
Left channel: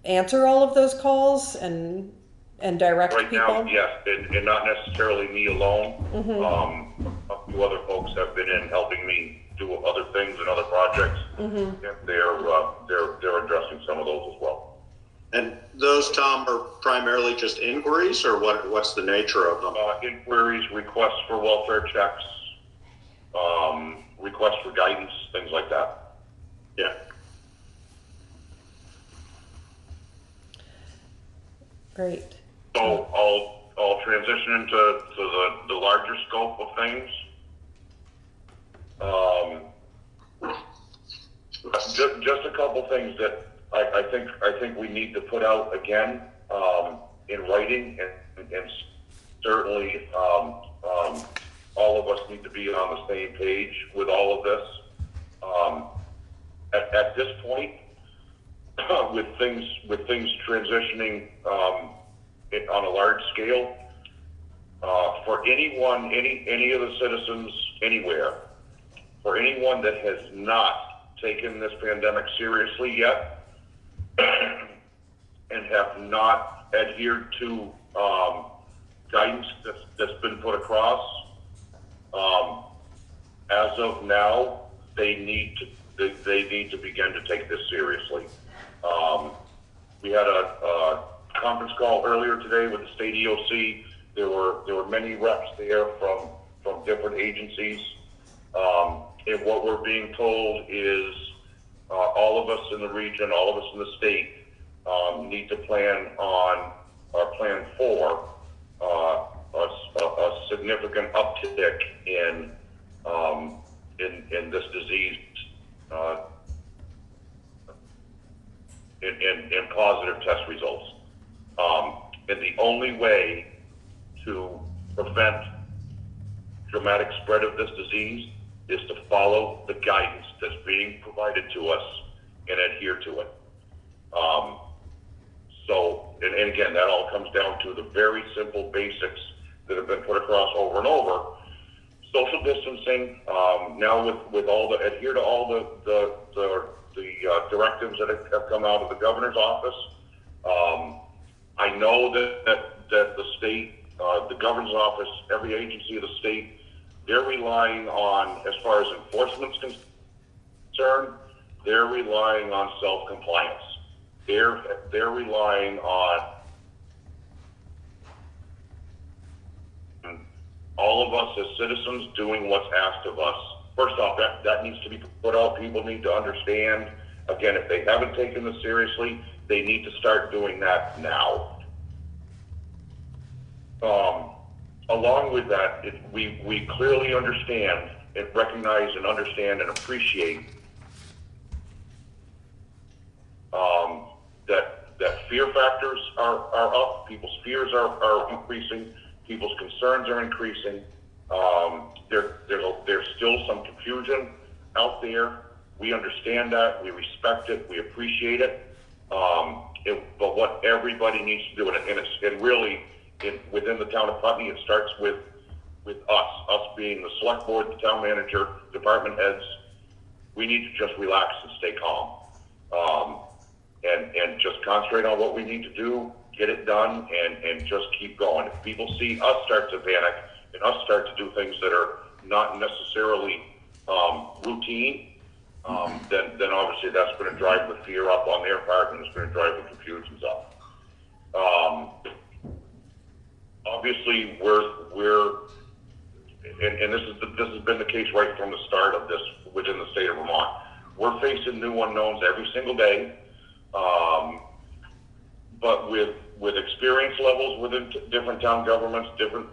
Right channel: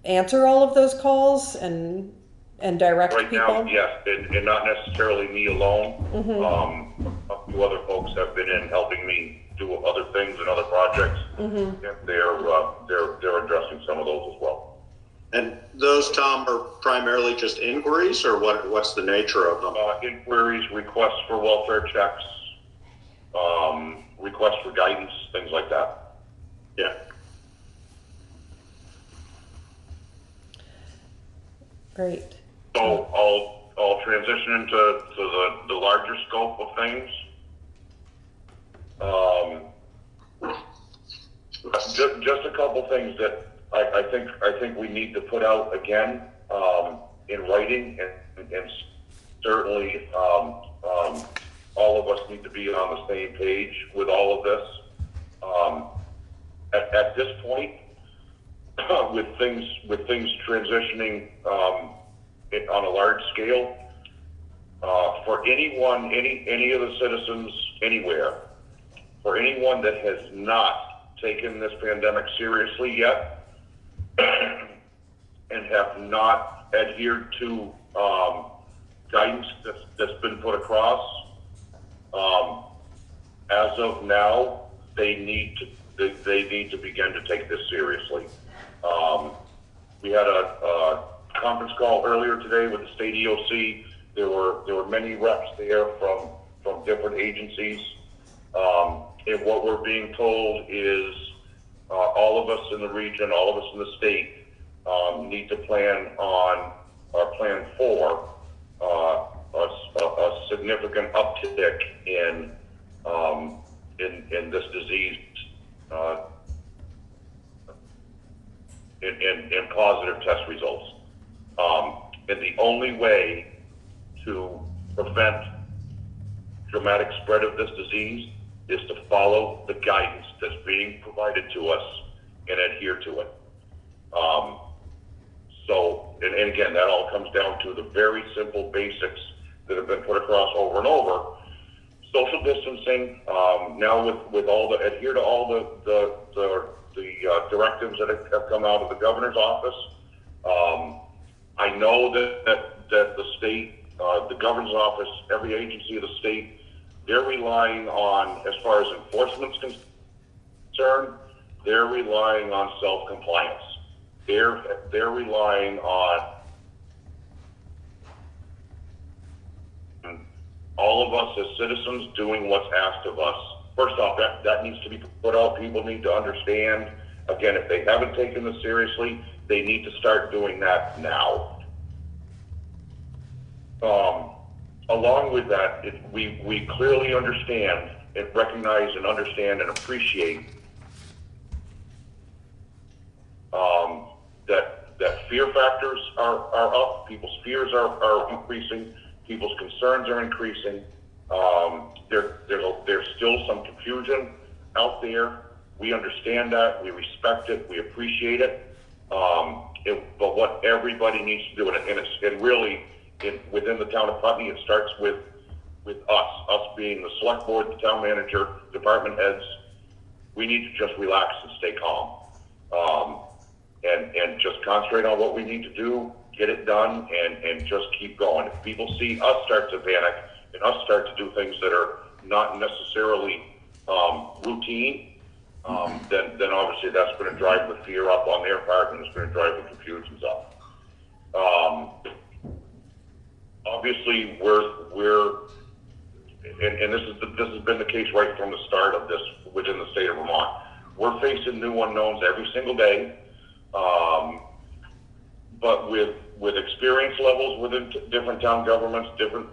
answer all of those calls and direct right people? Right now, yes, and not necessarily me alone. A few other folks have been in helping me do other things and other projects. And they're addressing some of those as well. And those, Tom, are primarily just inquiries, or what's the nature of them? Inquiries, requests for welfare checks, requests for guidance, things like that. Yeah. Great. So I'll transition into the larger scope of things. Just a couple things that I think we need to put out again in writing, and certainly all of us need to be on the same page with all of this. At this point, with things transitioning on a large scale, for anyone, any of the citizens anywhere, for anyone that has not taken this pandemic seriously yet and have not adhered to guidance that's been put across, as of now, they need to begin to take this seriously. We had a conference call earlier today with the state EOC. There were many reps there from different agencies. And what we're being told is all of us in the region, all of us in the state, need to plan for a significant uptick in test results. And the only way to prevent dramatic spread of this disease is to follow the guidance that's being provided to us and adhere to it. And again, that all comes down to the very simple basics that have been put across over and over. Social distancing, now with all the, adhere to all the directives that have come out of the governor's office. I know that the state, the governor's office, every agency of the state, they're relying on, as far as enforcement's concerned, they're relying on self-compliance. They're relying on all of us as citizens doing what's asked of us. First off, that needs to be put out. People need to understand. Again, if they haven't taken this seriously, they need to start doing that now. Along with that, we clearly understand and recognize and understand and appreciate that fear factors are up, people's fears are increasing, people's concerns are increasing. There's still some confusion out there. We understand that, we respect it, we appreciate it. But what everybody needs to do, and really within the town of Putney, it starts with us being the select board, the town manager, department heads. We need to just relax and stay calm. And just concentrate on what we need to do, get it done, and just keep going. If people see us start to panic and us start to do things that are not necessarily routine, then obviously that's going to drive the fear up on their part, and it's going to drive the confusions up. Obviously, and this has been the case right from the start of this within the state of Vermont. We're facing new unknowns every single day. But with experience levels within different town governments, different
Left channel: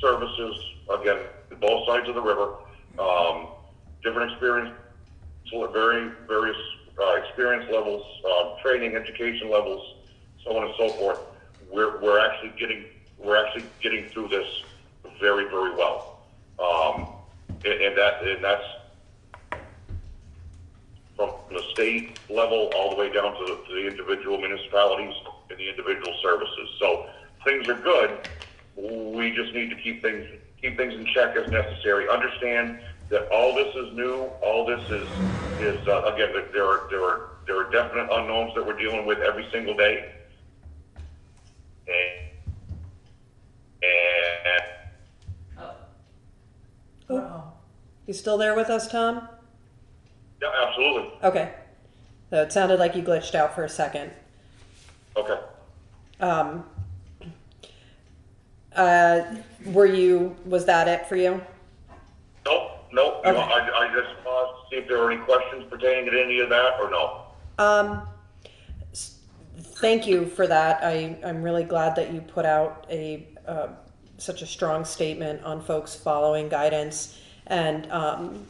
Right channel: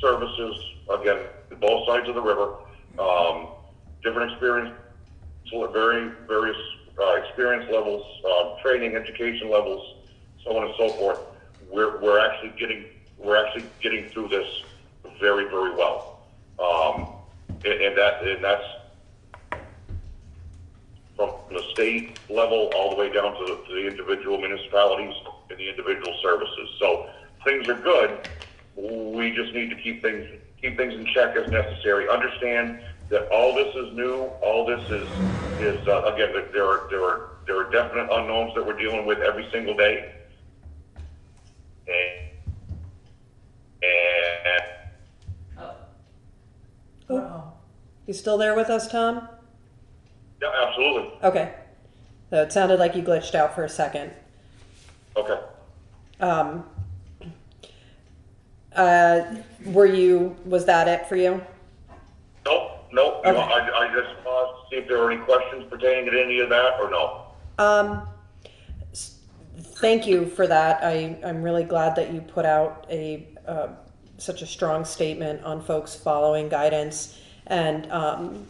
services, again, both sides of the river, different experience, various experience levels, training, education levels, so on and so forth. We're actually getting through this very, very well, and that's from the state level all the way down to the individual municipalities and the individual services. So things are good. We just need to keep things in check as necessary. Understand that all this is new. All this is again, there are definite unknowns that we're dealing with every single day. You still there with us, Tom? Yeah, absolutely. Okay. So it sounded like you glitched out for a second. Okay. Was that it for you? Nope. Okay. I just paused to see if there were any questions pertaining to any of that or no. Thank you for that. I'm really glad that you put out such a strong statement on folks following guidance and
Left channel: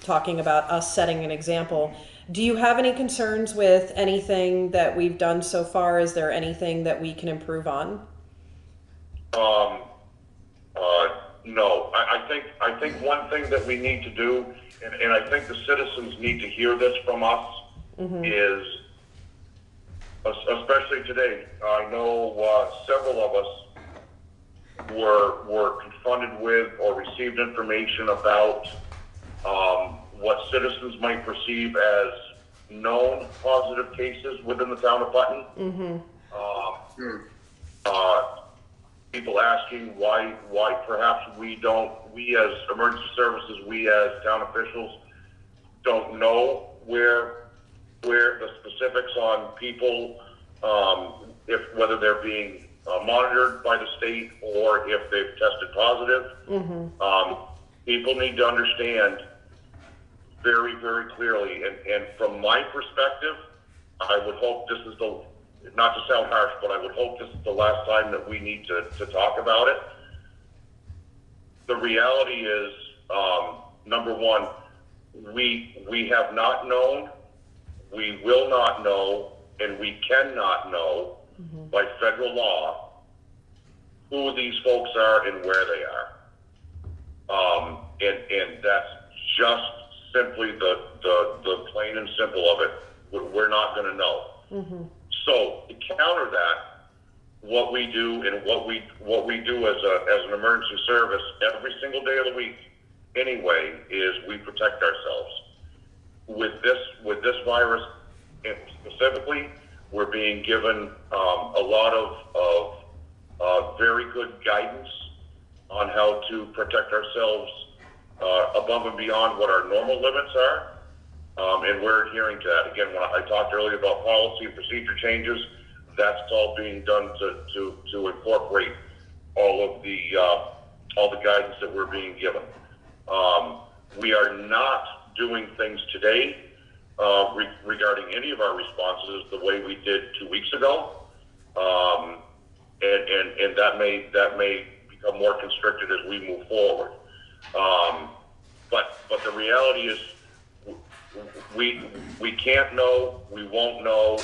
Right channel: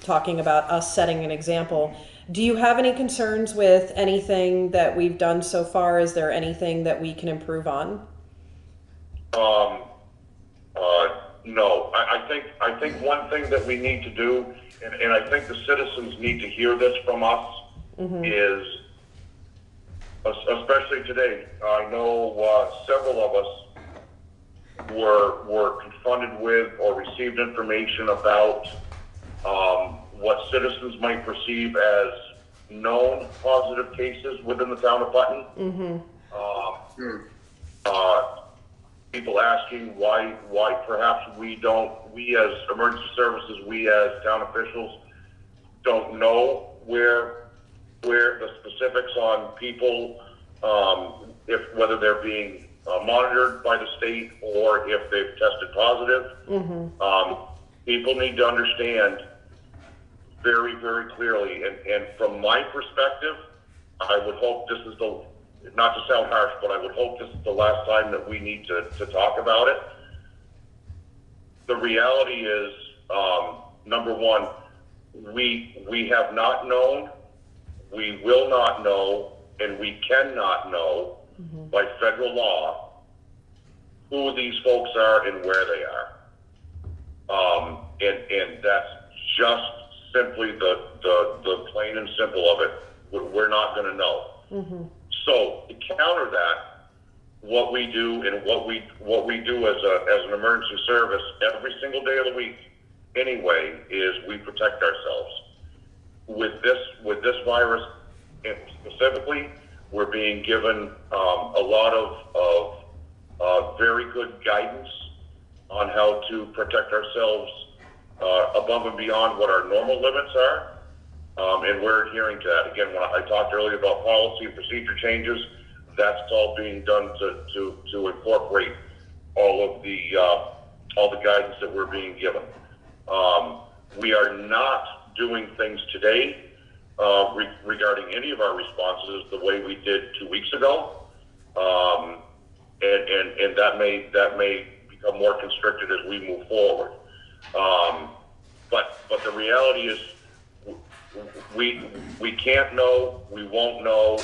talking about us setting an example. Do you have any concerns with anything that we've done so far? Is there anything that we can improve on? No. I think one thing that we need to do, and I think the citizens need to hear this from us, is, especially today, I know several of us were confronted with or received information about what citizens might perceive as known positive cases within the town of Putney. People asking why perhaps we as emergency services, we as town officials don't know where the specifics on people, whether they're being monitored by the state or if they've tested positive. People need to understand very, very clearly, and from my perspective, I would hope this is not to sound harsh, but I would hope this is the last time that we need to talk about it. The reality is, number one, we have not known, we will not know, and we cannot know by federal law who these folks are and where they are. And that's just simply the plain and simple of it. We're not going to know. So to counter that, what we do and what we do as an emergency service every single day of the week, anyway, is we protect ourselves. With this virus, and specifically, we're being given a lot of very good guidance on how to protect ourselves above and beyond what our normal limits are, and we're adhering to that. Again, when I talked earlier about policy and procedure changes, that's all being done to incorporate all of the guidance that we're being given. We are not doing things today regarding any of our responses the way we did 2 weeks ago, and that may become more constricted as we move forward. But the reality is, we can't know, we won't know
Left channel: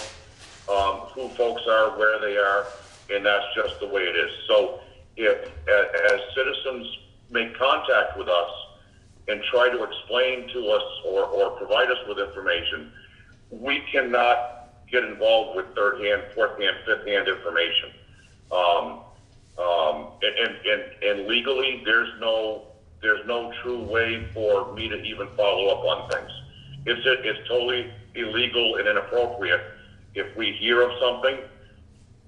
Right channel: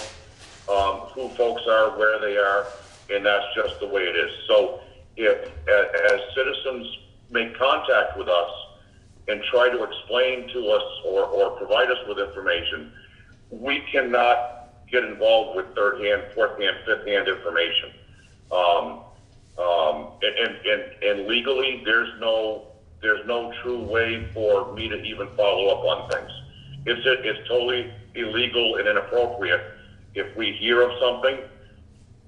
who folks are, where they are, and that's just the way it is. So if, as citizens make contact with us and try to explain to us or provide us with information, we cannot get involved with third-hand, fourth-hand, fifth-hand information. And legally, there's no true way for me to even follow up on things. It's totally illegal and inappropriate. If we hear of something,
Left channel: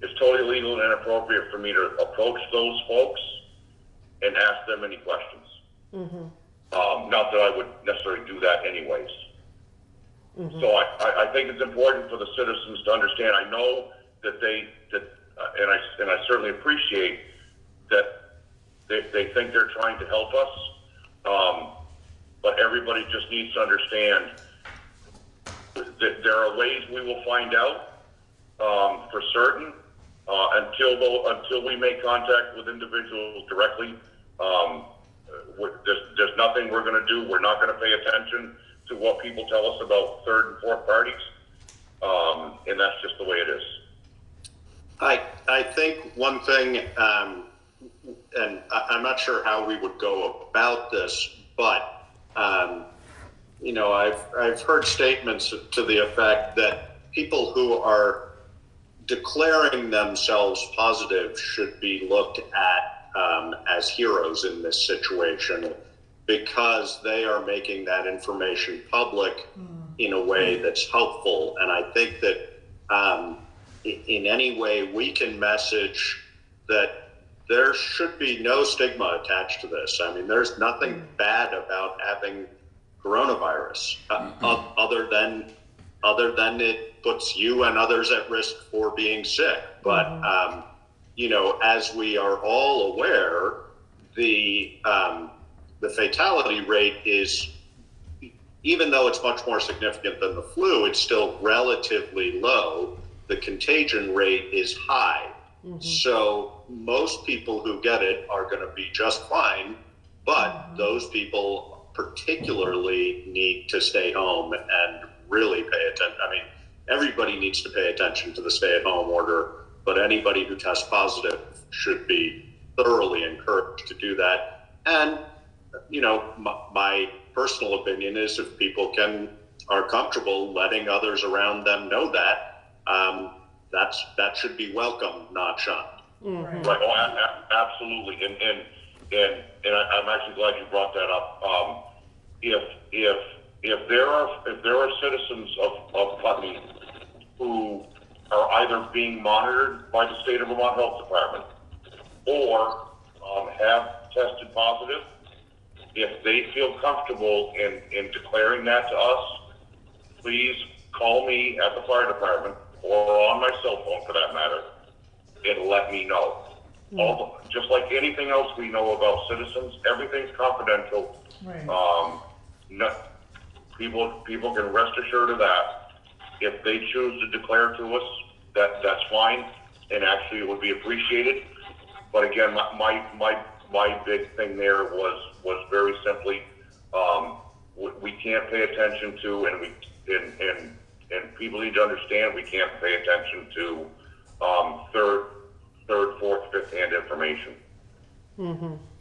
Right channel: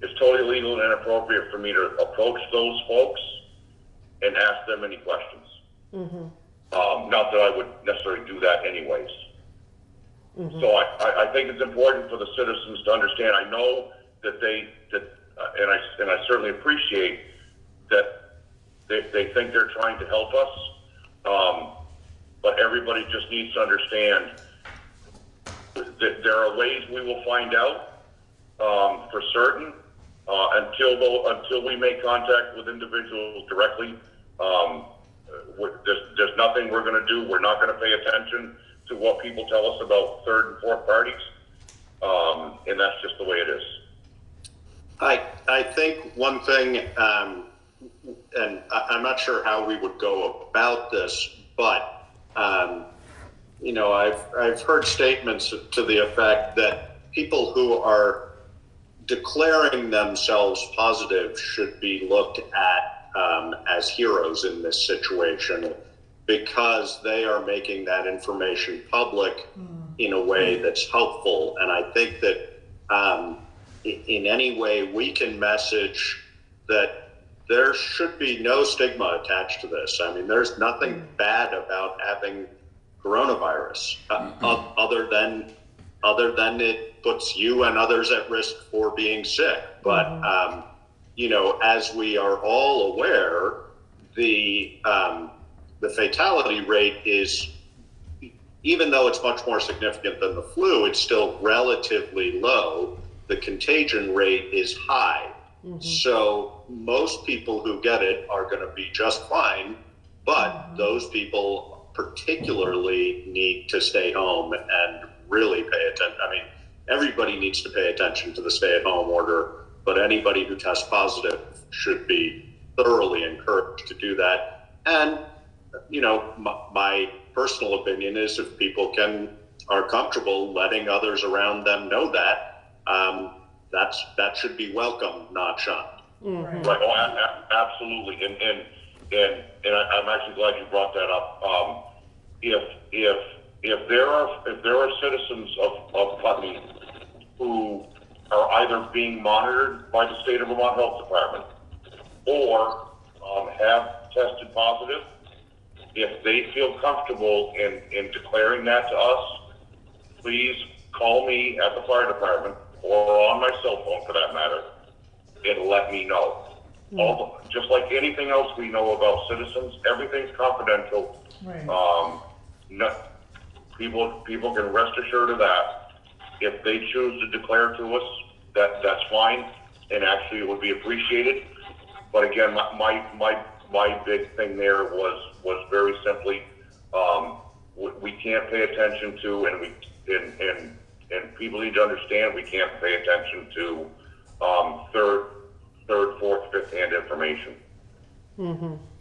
it's totally illegal and inappropriate for me to approach those folks and ask them any questions. Not that I would necessarily do that anyways. So I think it's important for the citizens to understand. I know that and I certainly appreciate that they think they're trying to help us, but everybody just needs to understand that there are ways we will find out for certain until we make contact with individuals directly. There's nothing we're going to do. We're not going to pay attention to what people tell us about third and fourth parties, and that's just the way it is. I think one thing, and I'm not sure how we would go about this, but you know, I've heard statements to the effect that people who are declaring themselves positive should be looked at as heroes in this situation, because they are making that information public in a way that's helpful. And I think that in any way we can message that there should be no stigma attached to this. I mean, there's nothing bad about having coronavirus, other than it puts you and others at risk for being sick. But you know, as we are all aware, the fatality rate is, even though it's much more significant than the flu, it's still relatively low. The contagion rate is high. So most people who get it are going to be just fine, but those people particularly need to stay home and really pay attention. I mean, everybody needs to pay attention to the stay-at-home order, but anybody who tests positive should be thoroughly encouraged to do that. And, you know, my personal opinion is if people are comfortable letting others around them know that, that should be welcome, not shunned. Right. Oh, absolutely. And I'm actually glad you brought that up. If there are citizens of Putney who are either being monitored by the state of Vermont Health Department or have tested positive, if they feel comfortable in declaring that to us, please call me at the fire department or on my cell phone for that matter and let me know. Just like anything else we know about citizens, everything's confidential. People can rest assured of that. If they choose to declare to us, that's fine, and actually it would be appreciated. But again, my big thing there was very simply, we can't pay attention to and people need to understand we can't pay attention to third, fourth, fifth-hand information.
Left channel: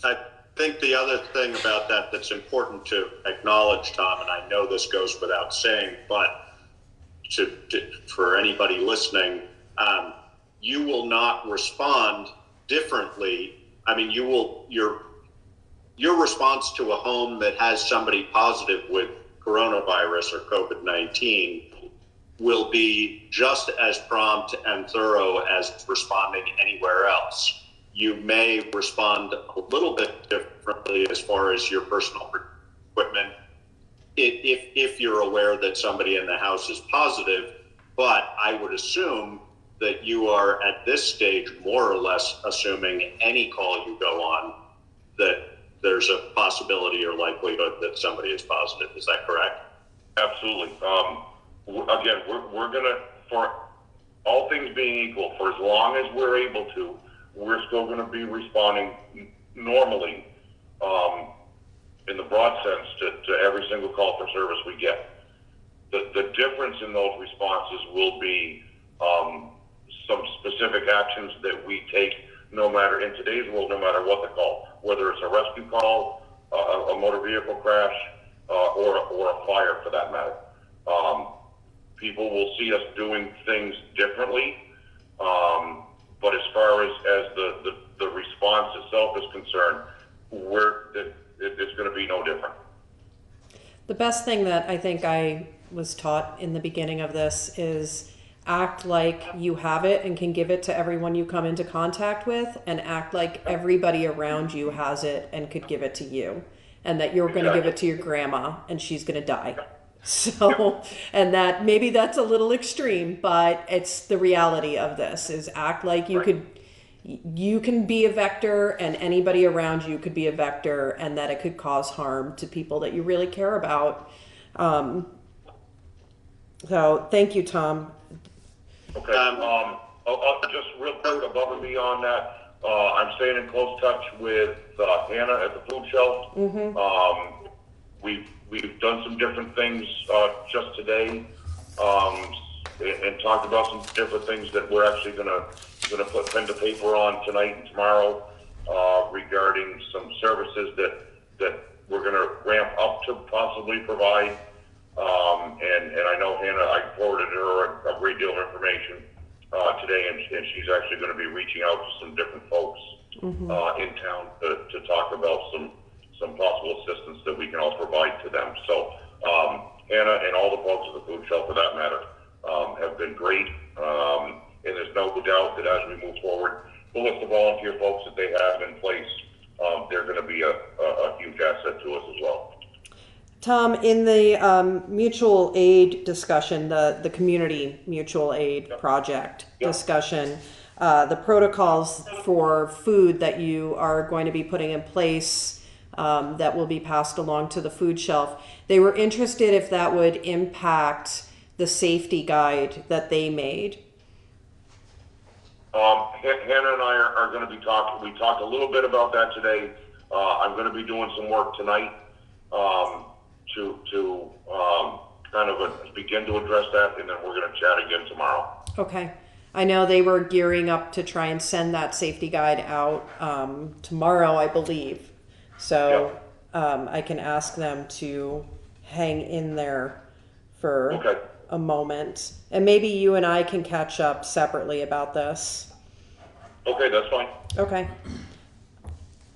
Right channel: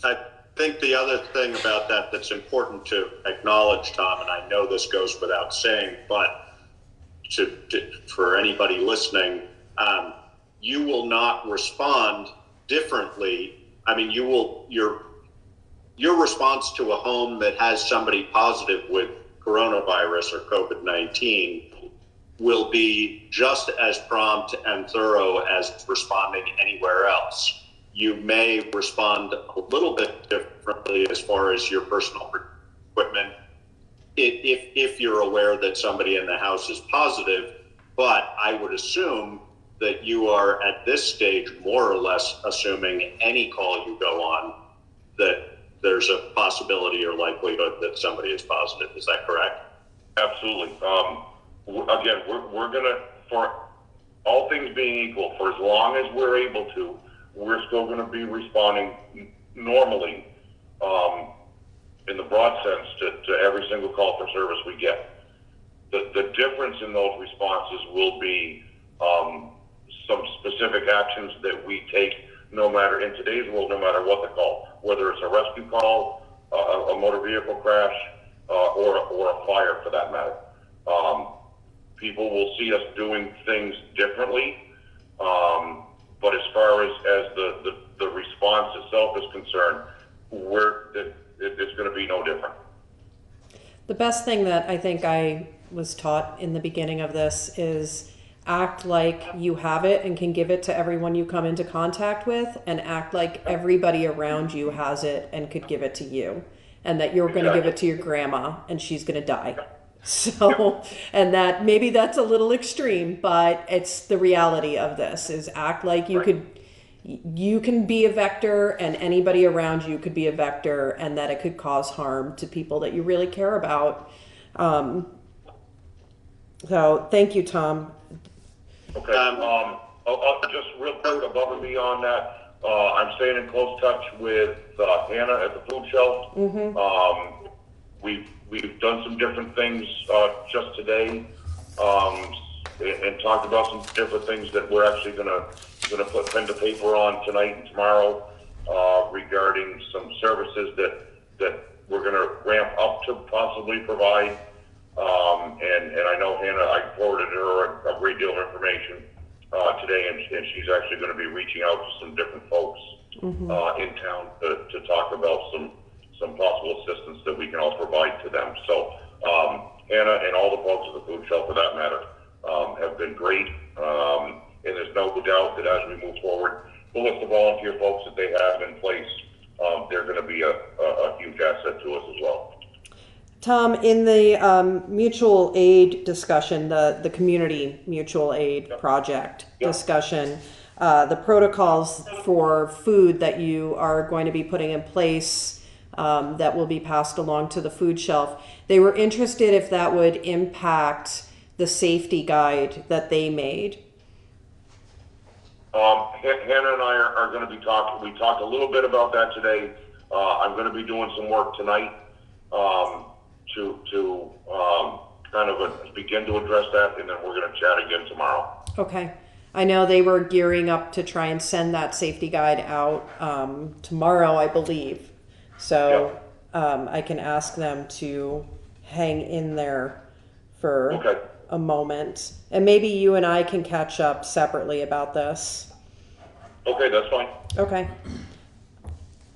I think the other thing about that that's important to acknowledge, Tom, and I know this goes without saying, but for anybody listening, you will not respond differently. I mean, your response to a home that has somebody positive with coronavirus or COVID-19 will be just as prompt and thorough as responding anywhere else. You may respond a little bit differently as far as your personal equipment if you're aware that somebody in the house is positive, but I would assume that you are at this stage more or less assuming any call you go on that there's a possibility or likelihood that somebody is positive. Is that correct? Absolutely. Again, we're gonna, for all things being equal, for as long as we're able to, we're still gonna be responding normally, in the broad sense to every single call for service we get. The difference in those responses will be some specific actions that we take no matter, in today's world, no matter what the call, whether it's a rescue call, a motor vehicle crash, or a fire for that matter. People will see us doing things differently, but as far as the response itself is concerned, it's going to be no different. The best thing that I think I was taught in the beginning of this is act like you have it and can give it to everyone you come into contact with, and act like everybody around you has it and could give it to you, and that you're going to give it to your grandma and she's going to die. So, and that maybe that's a little extreme, but it's the reality of this is act like you can be a vector and anybody around you could be a vector, and that it could cause harm to people that you really care about. So thank you, Tom. Okay, just real quick above and beyond that, I'm staying in close touch with Hannah at the food shelf. We've done some different things just today, and talked about some different things that we're actually gonna put pen to paper on tonight and tomorrow, regarding some services that we're gonna ramp up to possibly provide. And I know Hannah, I forwarded her a great deal of information today, and she's actually going to be reaching out to some different folks in town to talk about some possible assistance that we can all provide to them. So Hannah and all the folks at the food shelf, for that matter, have been great. And there's no doubt that as we move forward, the list of volunteer folks that they have in place, they're going to be a huge asset to us as well. Tom, in the mutual aid discussion, the community mutual aid project discussion, the protocols for food that you are going to be putting in place that will be passed along to the food shelf, they were interested if that would impact the safety guide that they made. Hannah and I are going to be talking. We talked a little bit about that today. I'm going to be doing some work tonight to kind of begin to address that, and then we're going to chat again tomorrow. Okay. I know they were gearing up to try and send that safety guide out tomorrow, I believe. So I can ask them to hang in there for a moment. And maybe you and I can catch up separately about this. Okay, that's fine. Okay.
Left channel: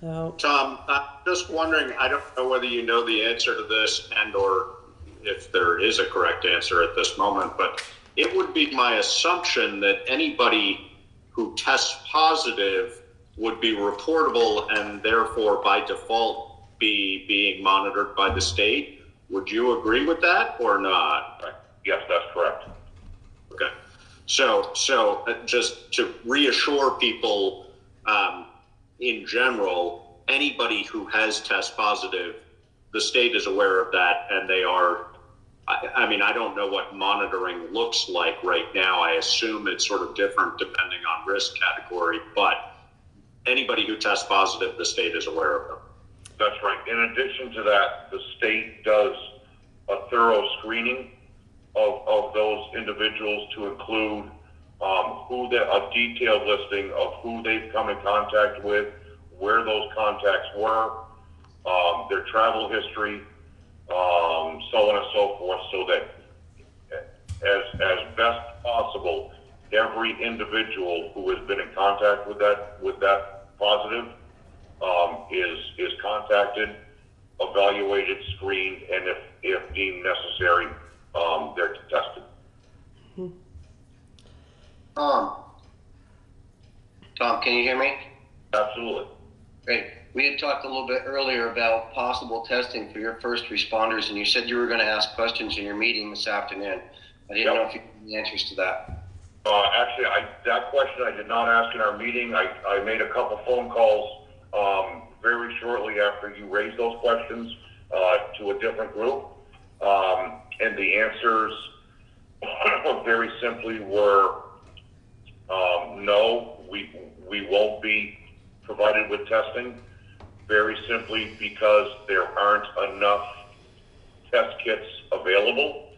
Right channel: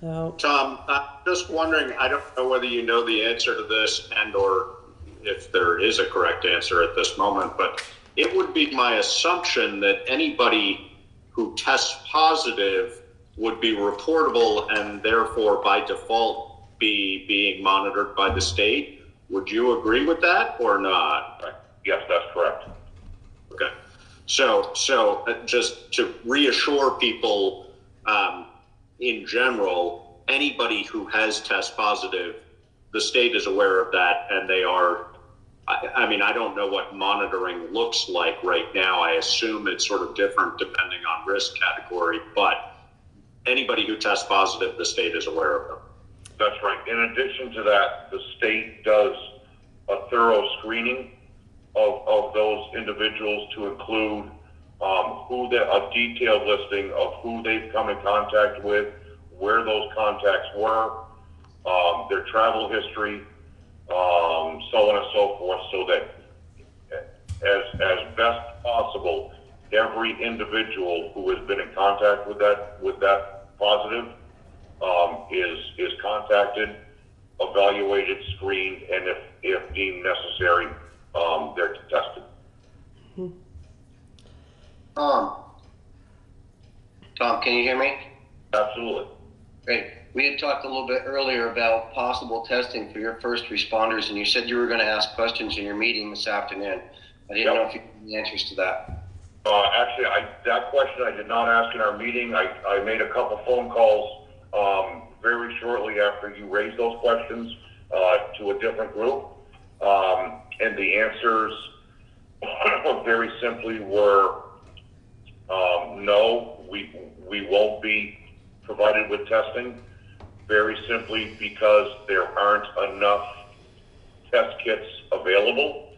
So, Tom, I'm just wondering, I don't know whether you know the answer to this and or if there is a correct answer at this moment, but it would be my assumption that anybody who tests positive would be reportable and therefore by default be being monitored by the state. Would you agree with that or not? Yes, that's correct. Okay. So just to reassure people, in general, anybody who has test positive, the state is aware of that, and they are, I mean, I don't know what monitoring looks like right now. I assume it's sort of different depending on risk category, but anybody who tests positive, the state is aware of them. That's right. In addition to that, the state does a thorough screening of those individuals to include a detailed listing of who they've come in contact with, where those contacts were, their travel history, so on and so forth, so that as best possible, every individual who has been in contact with that positive is contacted, evaluated, screened, and if deemed necessary, they're tested. Tom, can you hear me? Absolutely. Great. We had talked a little bit earlier about possible testing for your first responders, and you said you were going to ask questions in your meeting this afternoon. I didn't know if you had any answers to that. Actually, that question I did not ask in our meeting. I made a couple phone calls very shortly after you raised those questions to a different group, and the answers very simply were no, we won't be provided with testing, very simply because there aren't enough test kits available.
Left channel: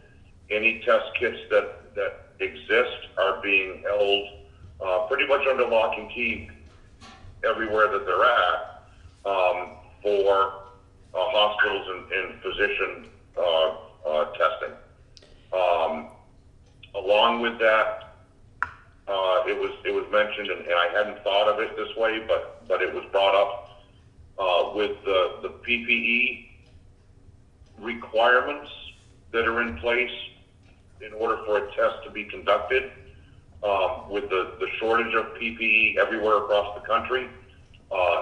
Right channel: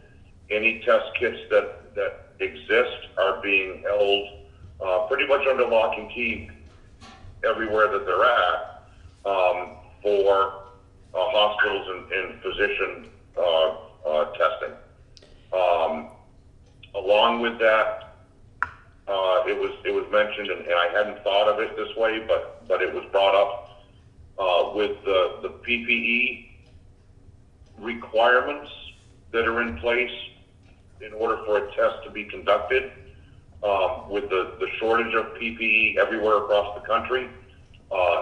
Any test kits that exist are being held pretty much under lock and key everywhere that they're at for hospitals and physician testing. Along with that, it was mentioned, and I hadn't thought of it this way, but it was brought up with the PPE requirements that are in place in order for a test to be conducted. With the shortage of PPE everywhere across the country,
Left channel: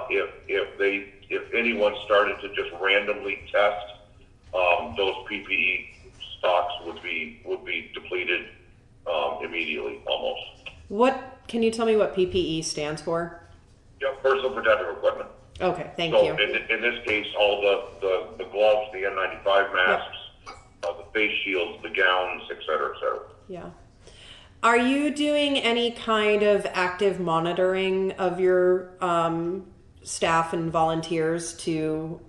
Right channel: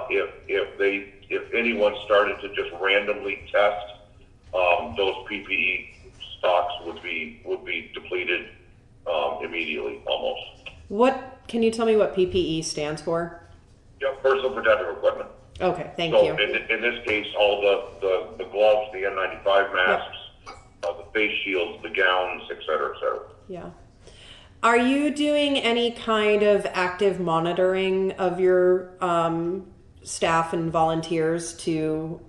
if anyone started to just randomly test, those PPE stocks would be depleted immediately, almost. What, can you tell me what PPE stands for? Yep, personal protective equipment. Okay, thank so you. In this case, all the gloves, the N95 masks, the face shields, the gowns, et cetera, et cetera. Yeah. Are you doing any kind of active monitoring of your staff and volunteers to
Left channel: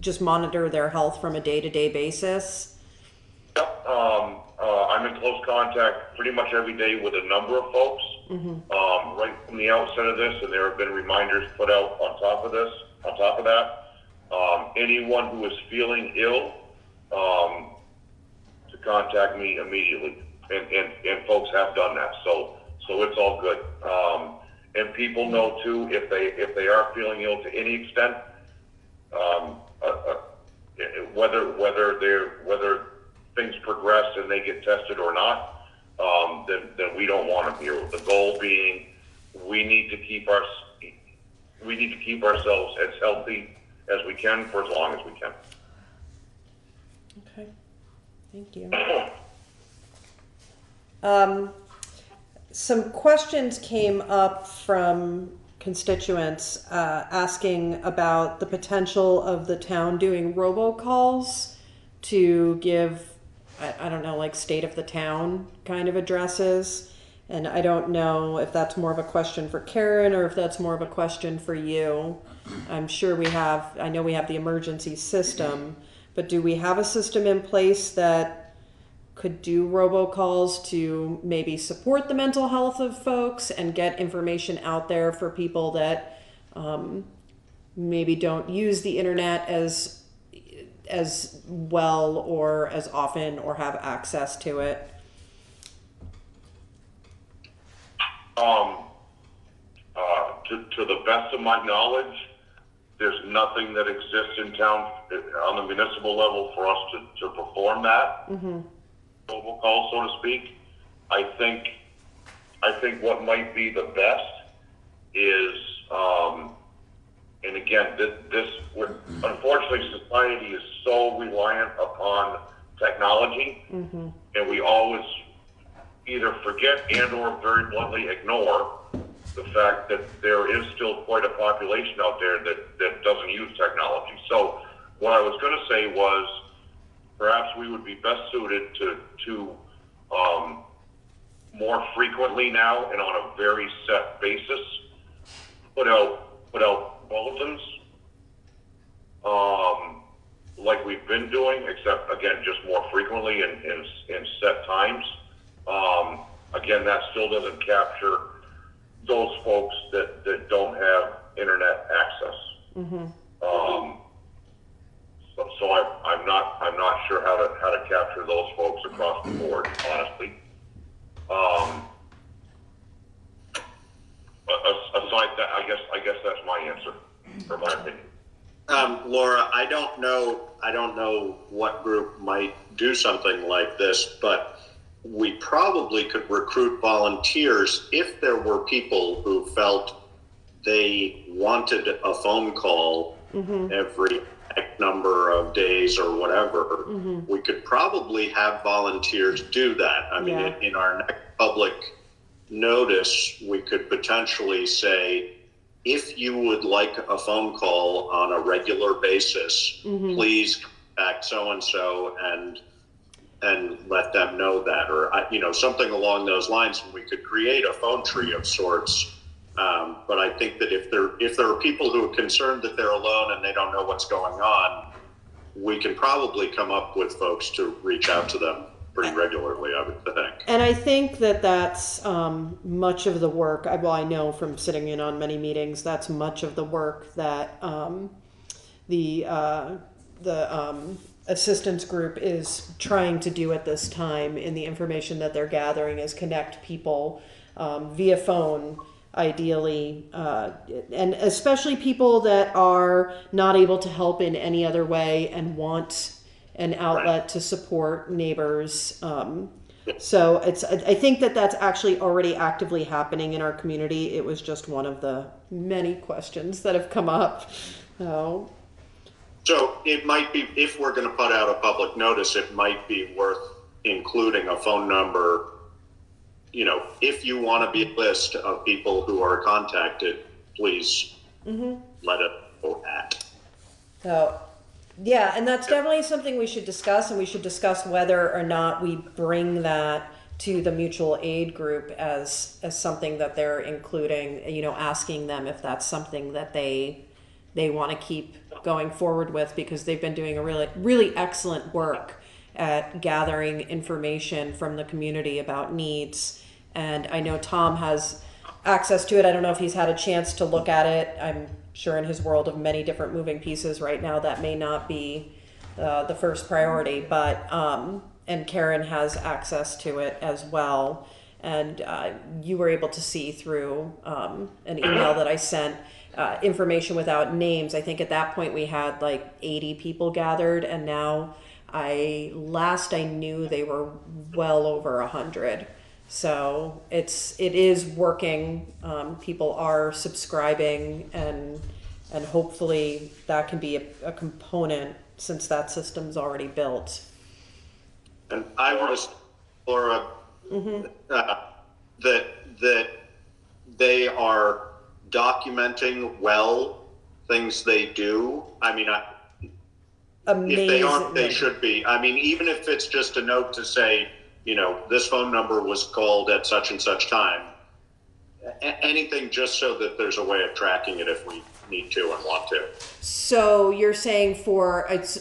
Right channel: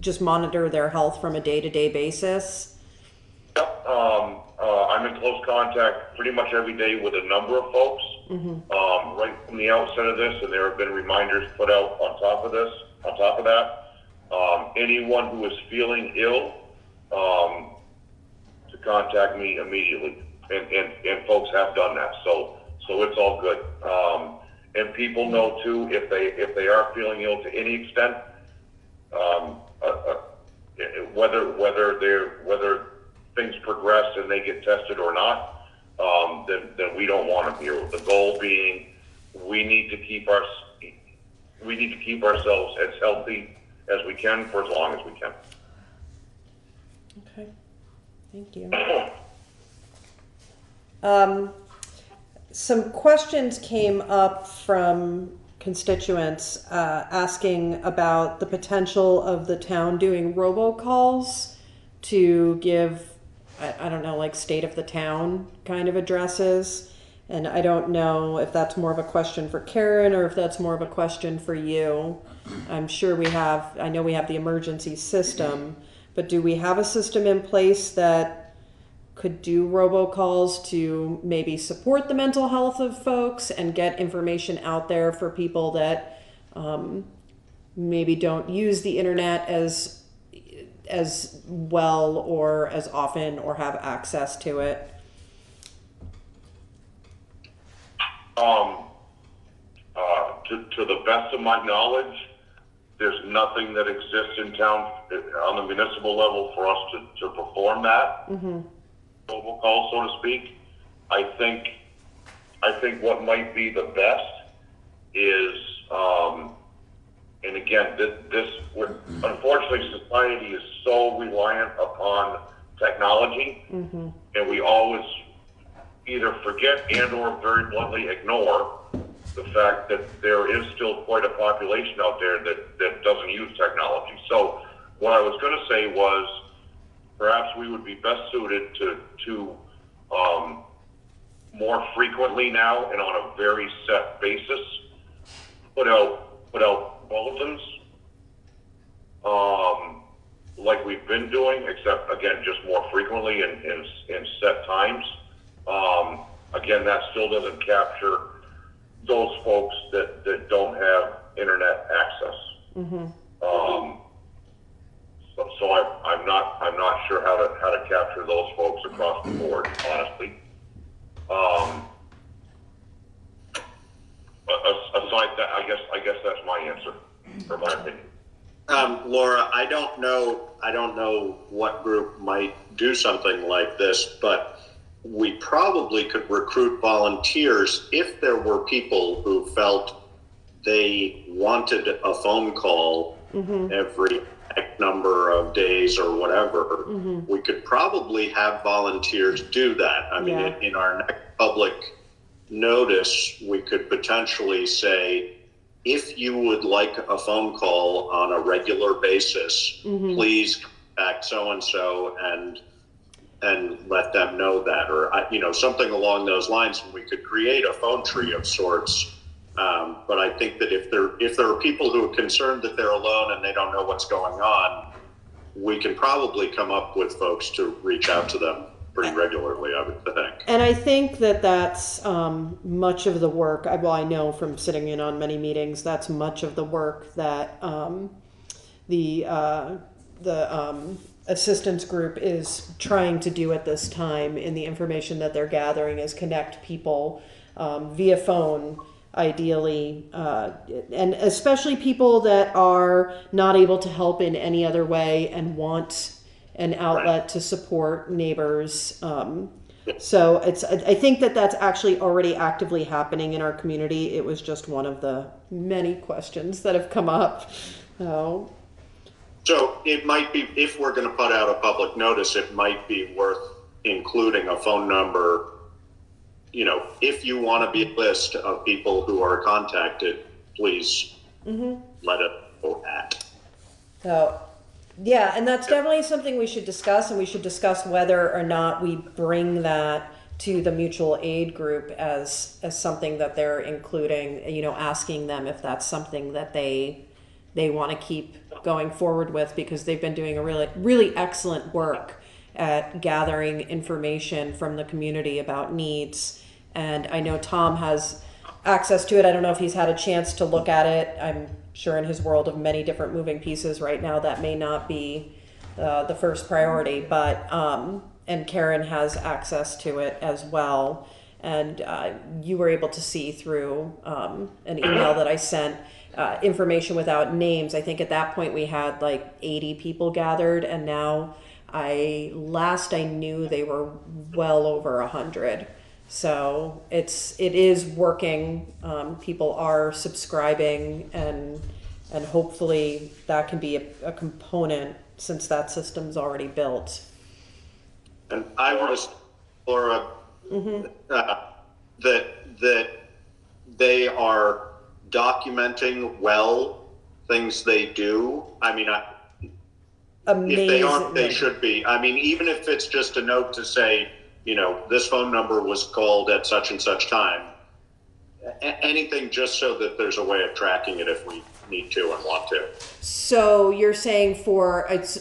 just monitor their health from a day-to-day basis? Yep. I'm in close contact pretty much every day with a number of folks. Right from the outset of this, and there have been reminders put out on top of that. Anyone who is feeling ill, to contact me immediately, and folks have done that. So it's all good. And people know too, if they are feeling ill to any extent, whether things progress and they get tested or not, then we don't want them here. The goal being, we need to keep ourselves as healthy as we can for as long as we can. Okay, thank you. Some questions came up from constituents asking about the potential of the town doing robocalls to give, I don't know, like state of the town kind of addresses. And I don't know if that's more of a question for Karen or if that's more of a question for you. I'm sure I know we have the emergency system, but do we have a system in place that could do robocalls to maybe support the mental health of folks and get information out there for people that maybe don't use the internet as well or as often or have access to it? To the best of my knowledge, there's nothing that exists in town on the municipal level for us to perform that robocall, so to speak. I think what might be the best is, and again, unfortunately, society is so reliant upon technology, and we always either forget and or very bluntly ignore the fact that there is still quite a population out there that doesn't use technology. So what I was going to say was, perhaps we would be best suited to more frequently now and on a very set basis put out bulletins, like we've been doing, except again, just more frequently in set times. Again, that still doesn't capture those folks that don't have internet access. Mm-hmm. So I'm not sure how to capture those folks across the board, honestly. Aside that, I guess that's my answer, or my opinion. Laura, I don't know what group might do something like this, but we probably could recruit volunteers if there were people who felt they wanted a phone call every X number of days or whatever. We could probably have volunteers do that. I mean, in our next public notice, we could potentially say, if you would like a phone call on a regular basis, please contact so-and-so and let them know that, or something along those lines. And we could create a phone tree of sorts. But I think that if there are people who are concerned that they're alone and they don't know what's going on, we can probably come up with folks to reach out to them pretty regularly, I would think. And I think that that's much of the work. I know from sitting in on many meetings, that's much of the work that the assistance group is trying to do at this time in the information that they're gathering, is connect people via phone, ideally, and especially people that are not able to help in any other way and want an outlet to support neighbors. So I think that that's actually already actively happening in our community. It was just one of the many questions that have come up. So it might be, if we're going to put out a public notice, it might be worth including a phone number. If you want to be a list of people who are contacted, please let it go at. So, yeah, and that's definitely something we should discuss, and we should discuss whether or not we bring that to the mutual aid group as something that they're including, asking them if that's something that they want to keep going forward with, because they've been doing a really, really excellent work at gathering information from the community about needs. And I know Tom has access to it. I don't know if he's had a chance to look at it. I'm sure in his world of many different moving pieces right now, that may not be the first priority, but and Karen has access to it as well. And you were able to see through an email that I sent information without names. I think at that point we had like 80 people gathered, and now last I knew they were well over 100. So it is working. People are subscribing, and hopefully that can be a component, since that system's already built. And I want to, Laura, that they are documenting well things they do. I mean, if they aren't, they should be. I mean, even if it's just a note to say, this phone number was called at such and such time. Anything just so that there's a way of tracking it if we need to and want to. So you're saying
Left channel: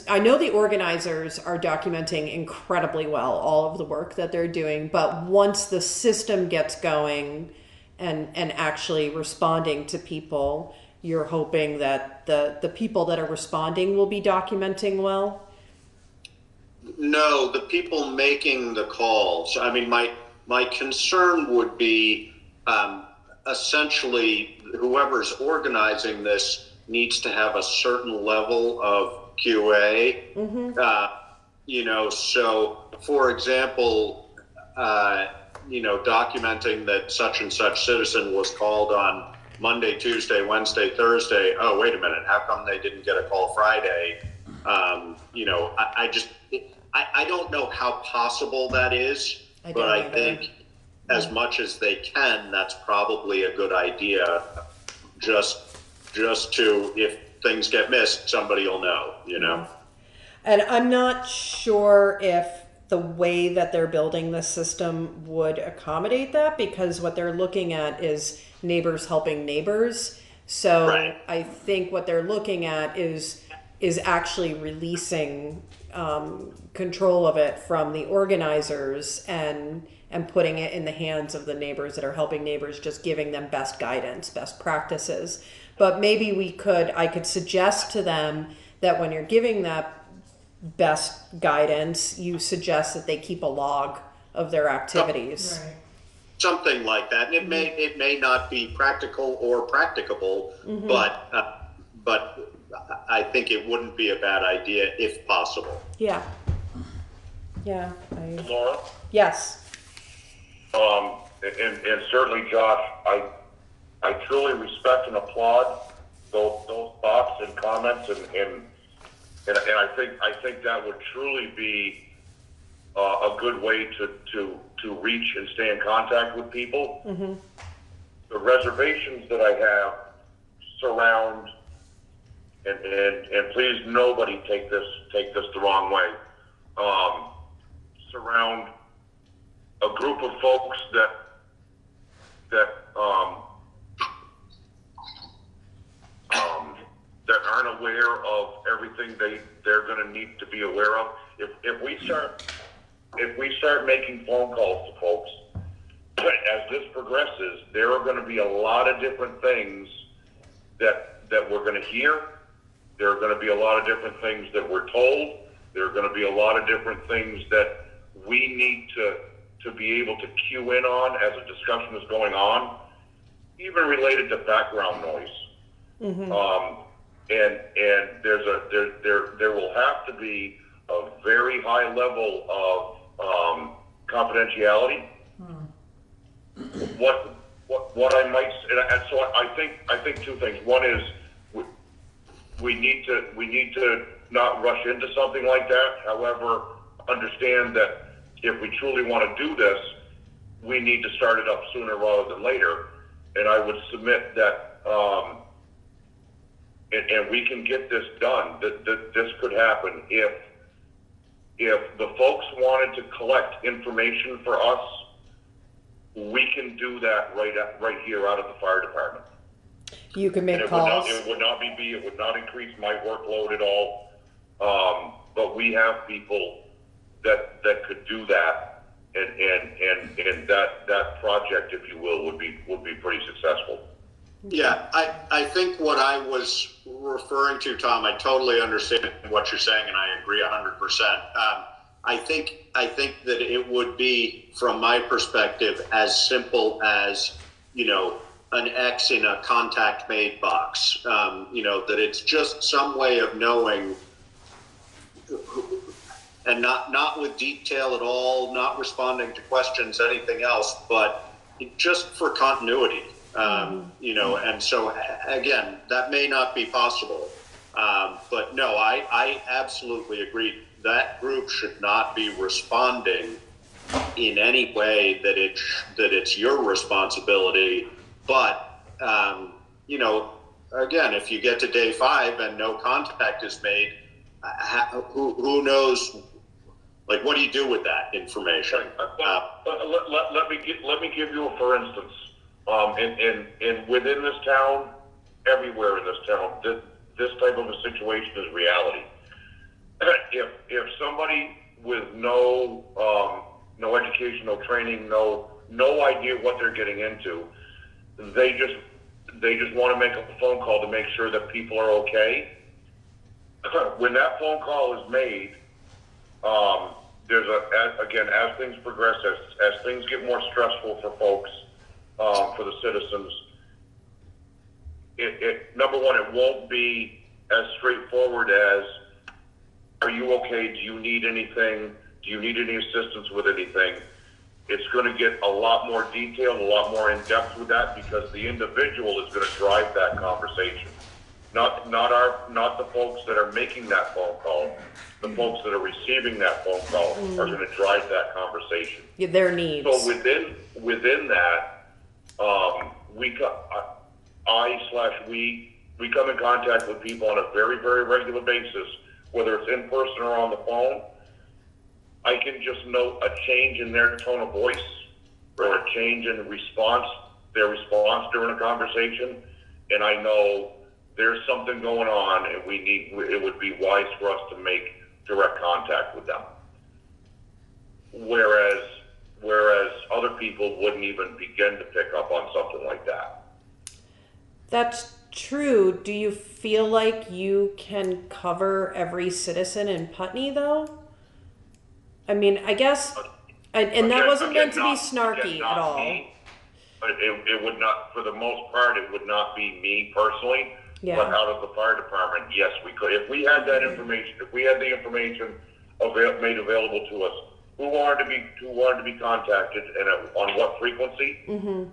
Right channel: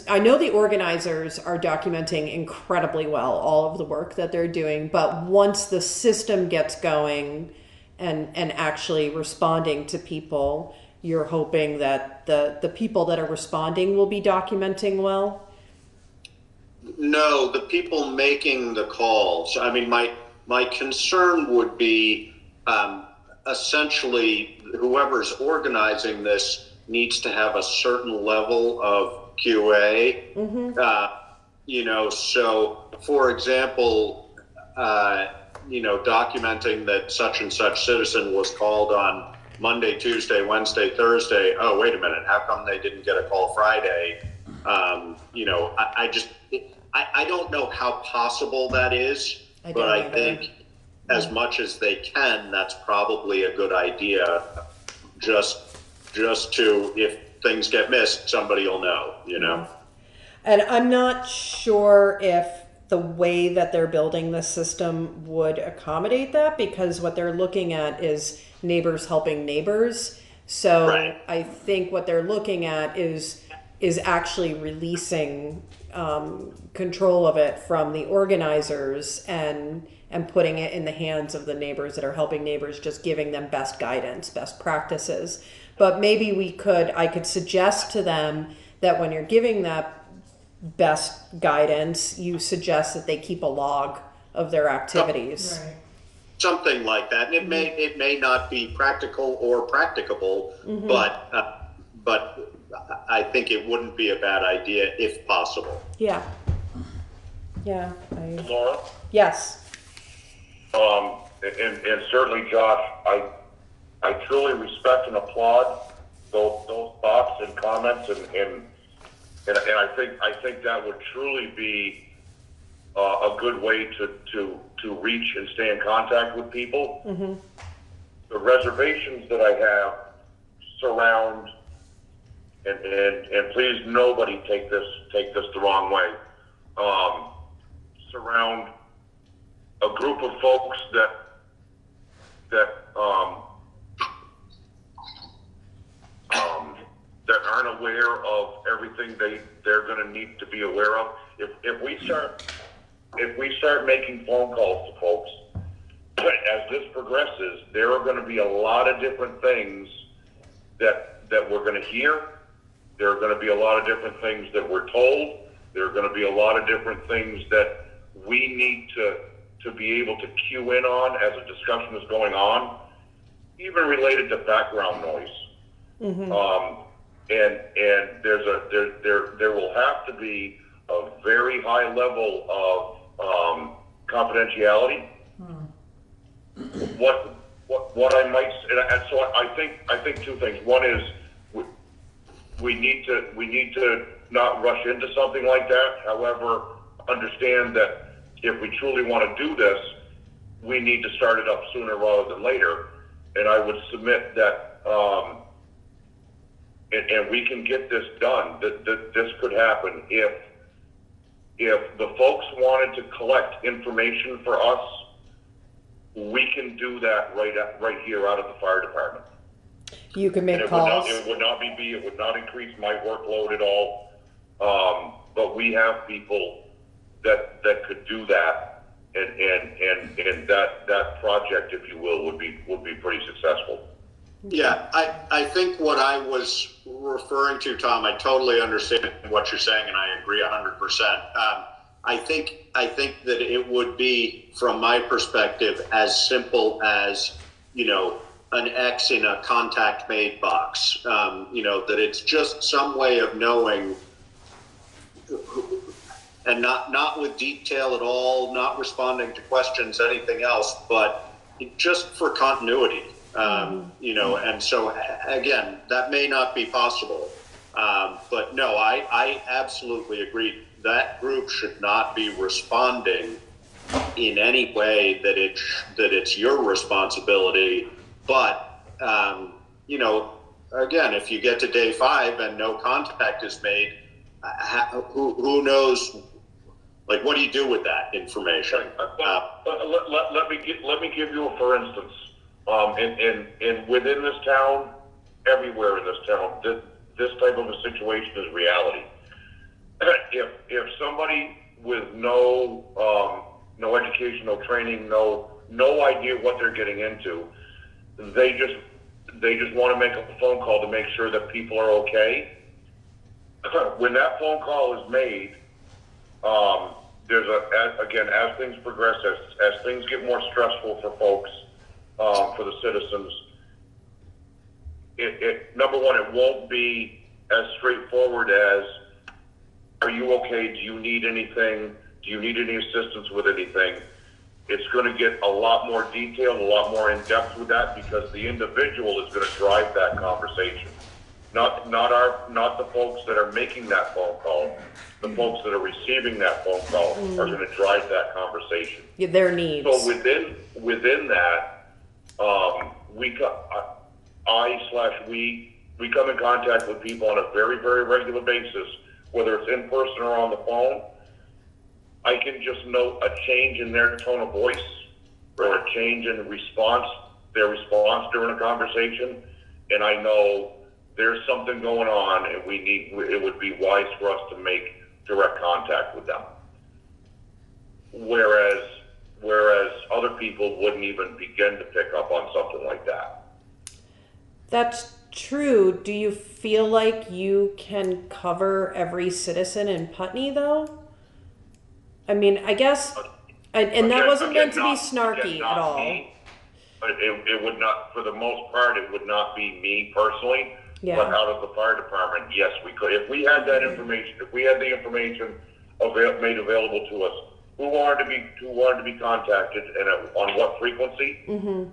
I know the organizers are documenting incredibly well all of the work that they're doing, but once the system gets going and actually responding to people, you're hoping that the people that are responding will be documenting well? No, the people making the calls. I mean, my concern would be essentially whoever's organizing this needs to have a certain level of QA. So for example, documenting that such and such citizen was called on Monday, Tuesday, Wednesday, Thursday. Oh, wait a minute. How come they didn't get a call Friday? I don't know how possible that is, but I think as much as they can, that's probably a good idea. Just to, if things get missed, somebody will know, And I'm not sure if the way that they're building this system would accommodate that, because what they're looking at is neighbors helping neighbors. So I think what they're looking at is is actually releasing control of it from the organizers and putting it in the hands of the neighbors that are helping neighbors, just giving them best guidance, best practices. But maybe I could suggest to them that when you're giving that best guidance, you suggest that they keep a log of their activities. Right. Something like that. And it may not be practical or practicable, but I think it wouldn't be a bad idea if possible. Yeah. Laura? Yes. And certainly, Josh, I truly respect and applaud those thoughts and comments, and I think that would truly be a good way to reach and stay in contact with people. The reservations that I have surround, and please nobody take this the wrong way, surround a group of folks that aren't aware of everything they're going to need to be aware of. If we start making phone calls to folks, as this progresses, there are going to be a lot of different things that we're going to hear. There are going to be a lot of different things that we're told. There are going to be a lot of different things that we need to be able to cue in on as a discussion is going on, even related to background noise. And there will have to be a very high level of confidentiality. What I might, and so I think two things. One is we need to not rush into something like that. However, understand that if we truly want to do this, we need to start it up sooner rather than later. And I would submit that, and we can get this done. That this could happen if the folks wanted to collect information for us. We can do that right here out of the fire department. You can make and calls. It would not increase my workload at all. But we have people that could do that, and that project, if you will, would be pretty successful. Yeah, I think what I was referring to, Tom, I totally understand what you're saying, and I agree 100%. I think that it would be, from my perspective, as simple as, an X in a contact made box. That it's just some way of knowing, and not with detail at all, not responding to questions, anything else, but just for continuity. And so again, that may not be possible, but no, I absolutely agree. That group should not be responding in any way that it's your responsibility. But again, if you get to day 5 and no contact is made, who knows? Like, what do you do with that information? Let me give you a for instance. And within this town, everywhere in this town, this type of a situation is reality. If somebody with no education, no training, no idea what they're getting into, they just want to make a phone call to make sure that people are okay. When that phone call is made, there's as things progress, as things get more stressful for folks, for the citizens, number one, it won't be as straightforward as, are you okay? Do you need anything? Do you need any assistance with anything? It's going to get a lot more detailed, a lot more in depth with that, because the individual is going to drive that conversation. Not the folks that are making that phone call. The folks that are receiving that phone call are going to drive that conversation. Yeah, their needs. So within that, we come in contact with people on a very, very regular basis, whether it's in person or on the phone. I can just note a change in their tone of voice or a change in their response during a conversation, and I know there's something going on and it would be wise for us to make direct contact with them. Whereas other people wouldn't even begin to pick up on something like that. That's true. Do you feel like you can cover every citizen in Putney, though? I mean, I guess, and that wasn't meant to be snarky at all. But it would not, for the most part, it would not be me personally. Yeah. But out of the fire department, yes, we could. If we had that information, if we had the information made available to us, who wanted to be contacted and on what frequency, Mm-hmm.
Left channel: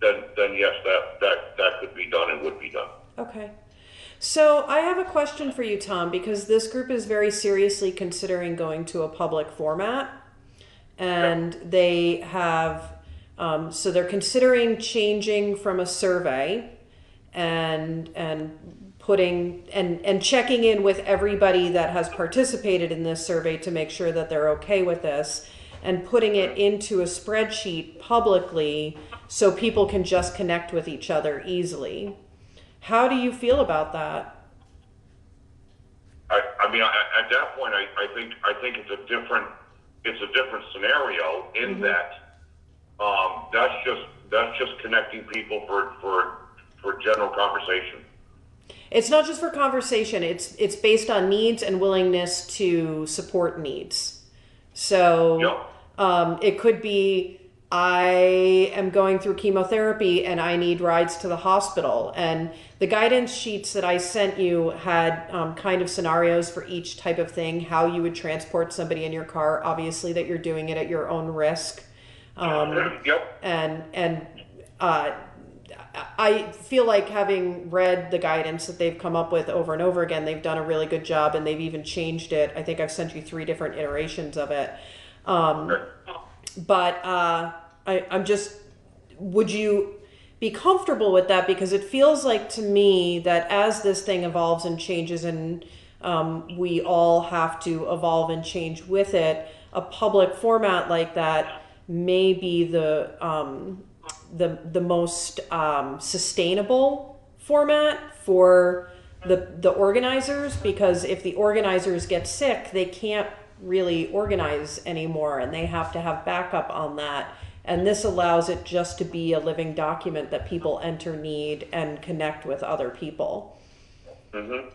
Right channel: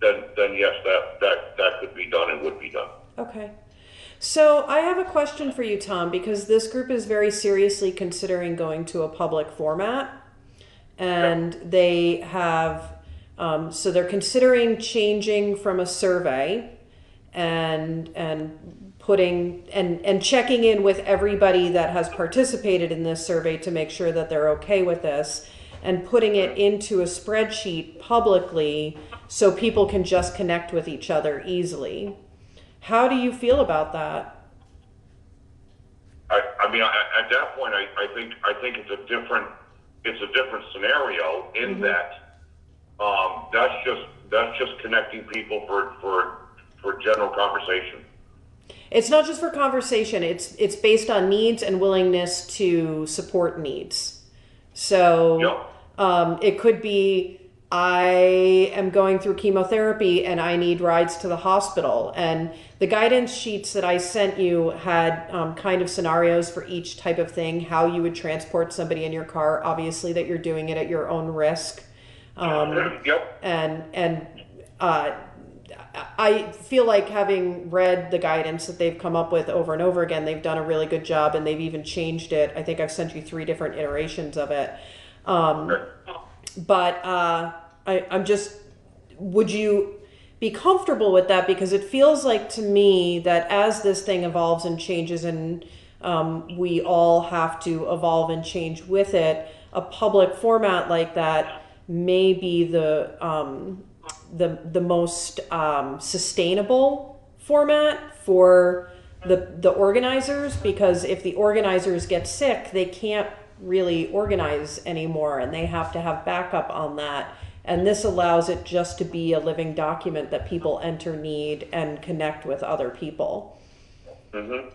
Then yes, that could be done and would be done. Okay. So I have a question for you, Tom, because this group is very seriously considering going to a public format, and they have, so they're considering changing from a survey and putting and checking in with everybody that has participated in this survey to make sure that they're okay with this, and putting it into a spreadsheet publicly so people can just connect with each other easily. How do you feel about that? I mean, at that point, I think it's a different scenario in Mm-hmm. that that's just connecting people for general conversation. It's not just for conversation. It's based on needs and willingness to support needs. So it could be, I am going through chemotherapy and I need rides to the hospital. And the guidance sheets that I sent you had kind of scenarios for each type of thing, how you would transport somebody in your car, obviously that you're doing it at your own risk. And I feel like, having read the guidance that they've come up with over and over again, they've done a really good job, and they've even changed it. I think I've sent you 3 different iterations of it. But I'm just, would you be comfortable with that? Because it feels like to me that as this thing evolves and changes, and we all have to evolve and change with it, a public format like that may be the most sustainable format for the organizers, because if the organizers get sick, they can't really organize anymore, and they have to have backup on that. And this allows it just to be a living document that people enter, need, and connect with other people. Mm-hmm.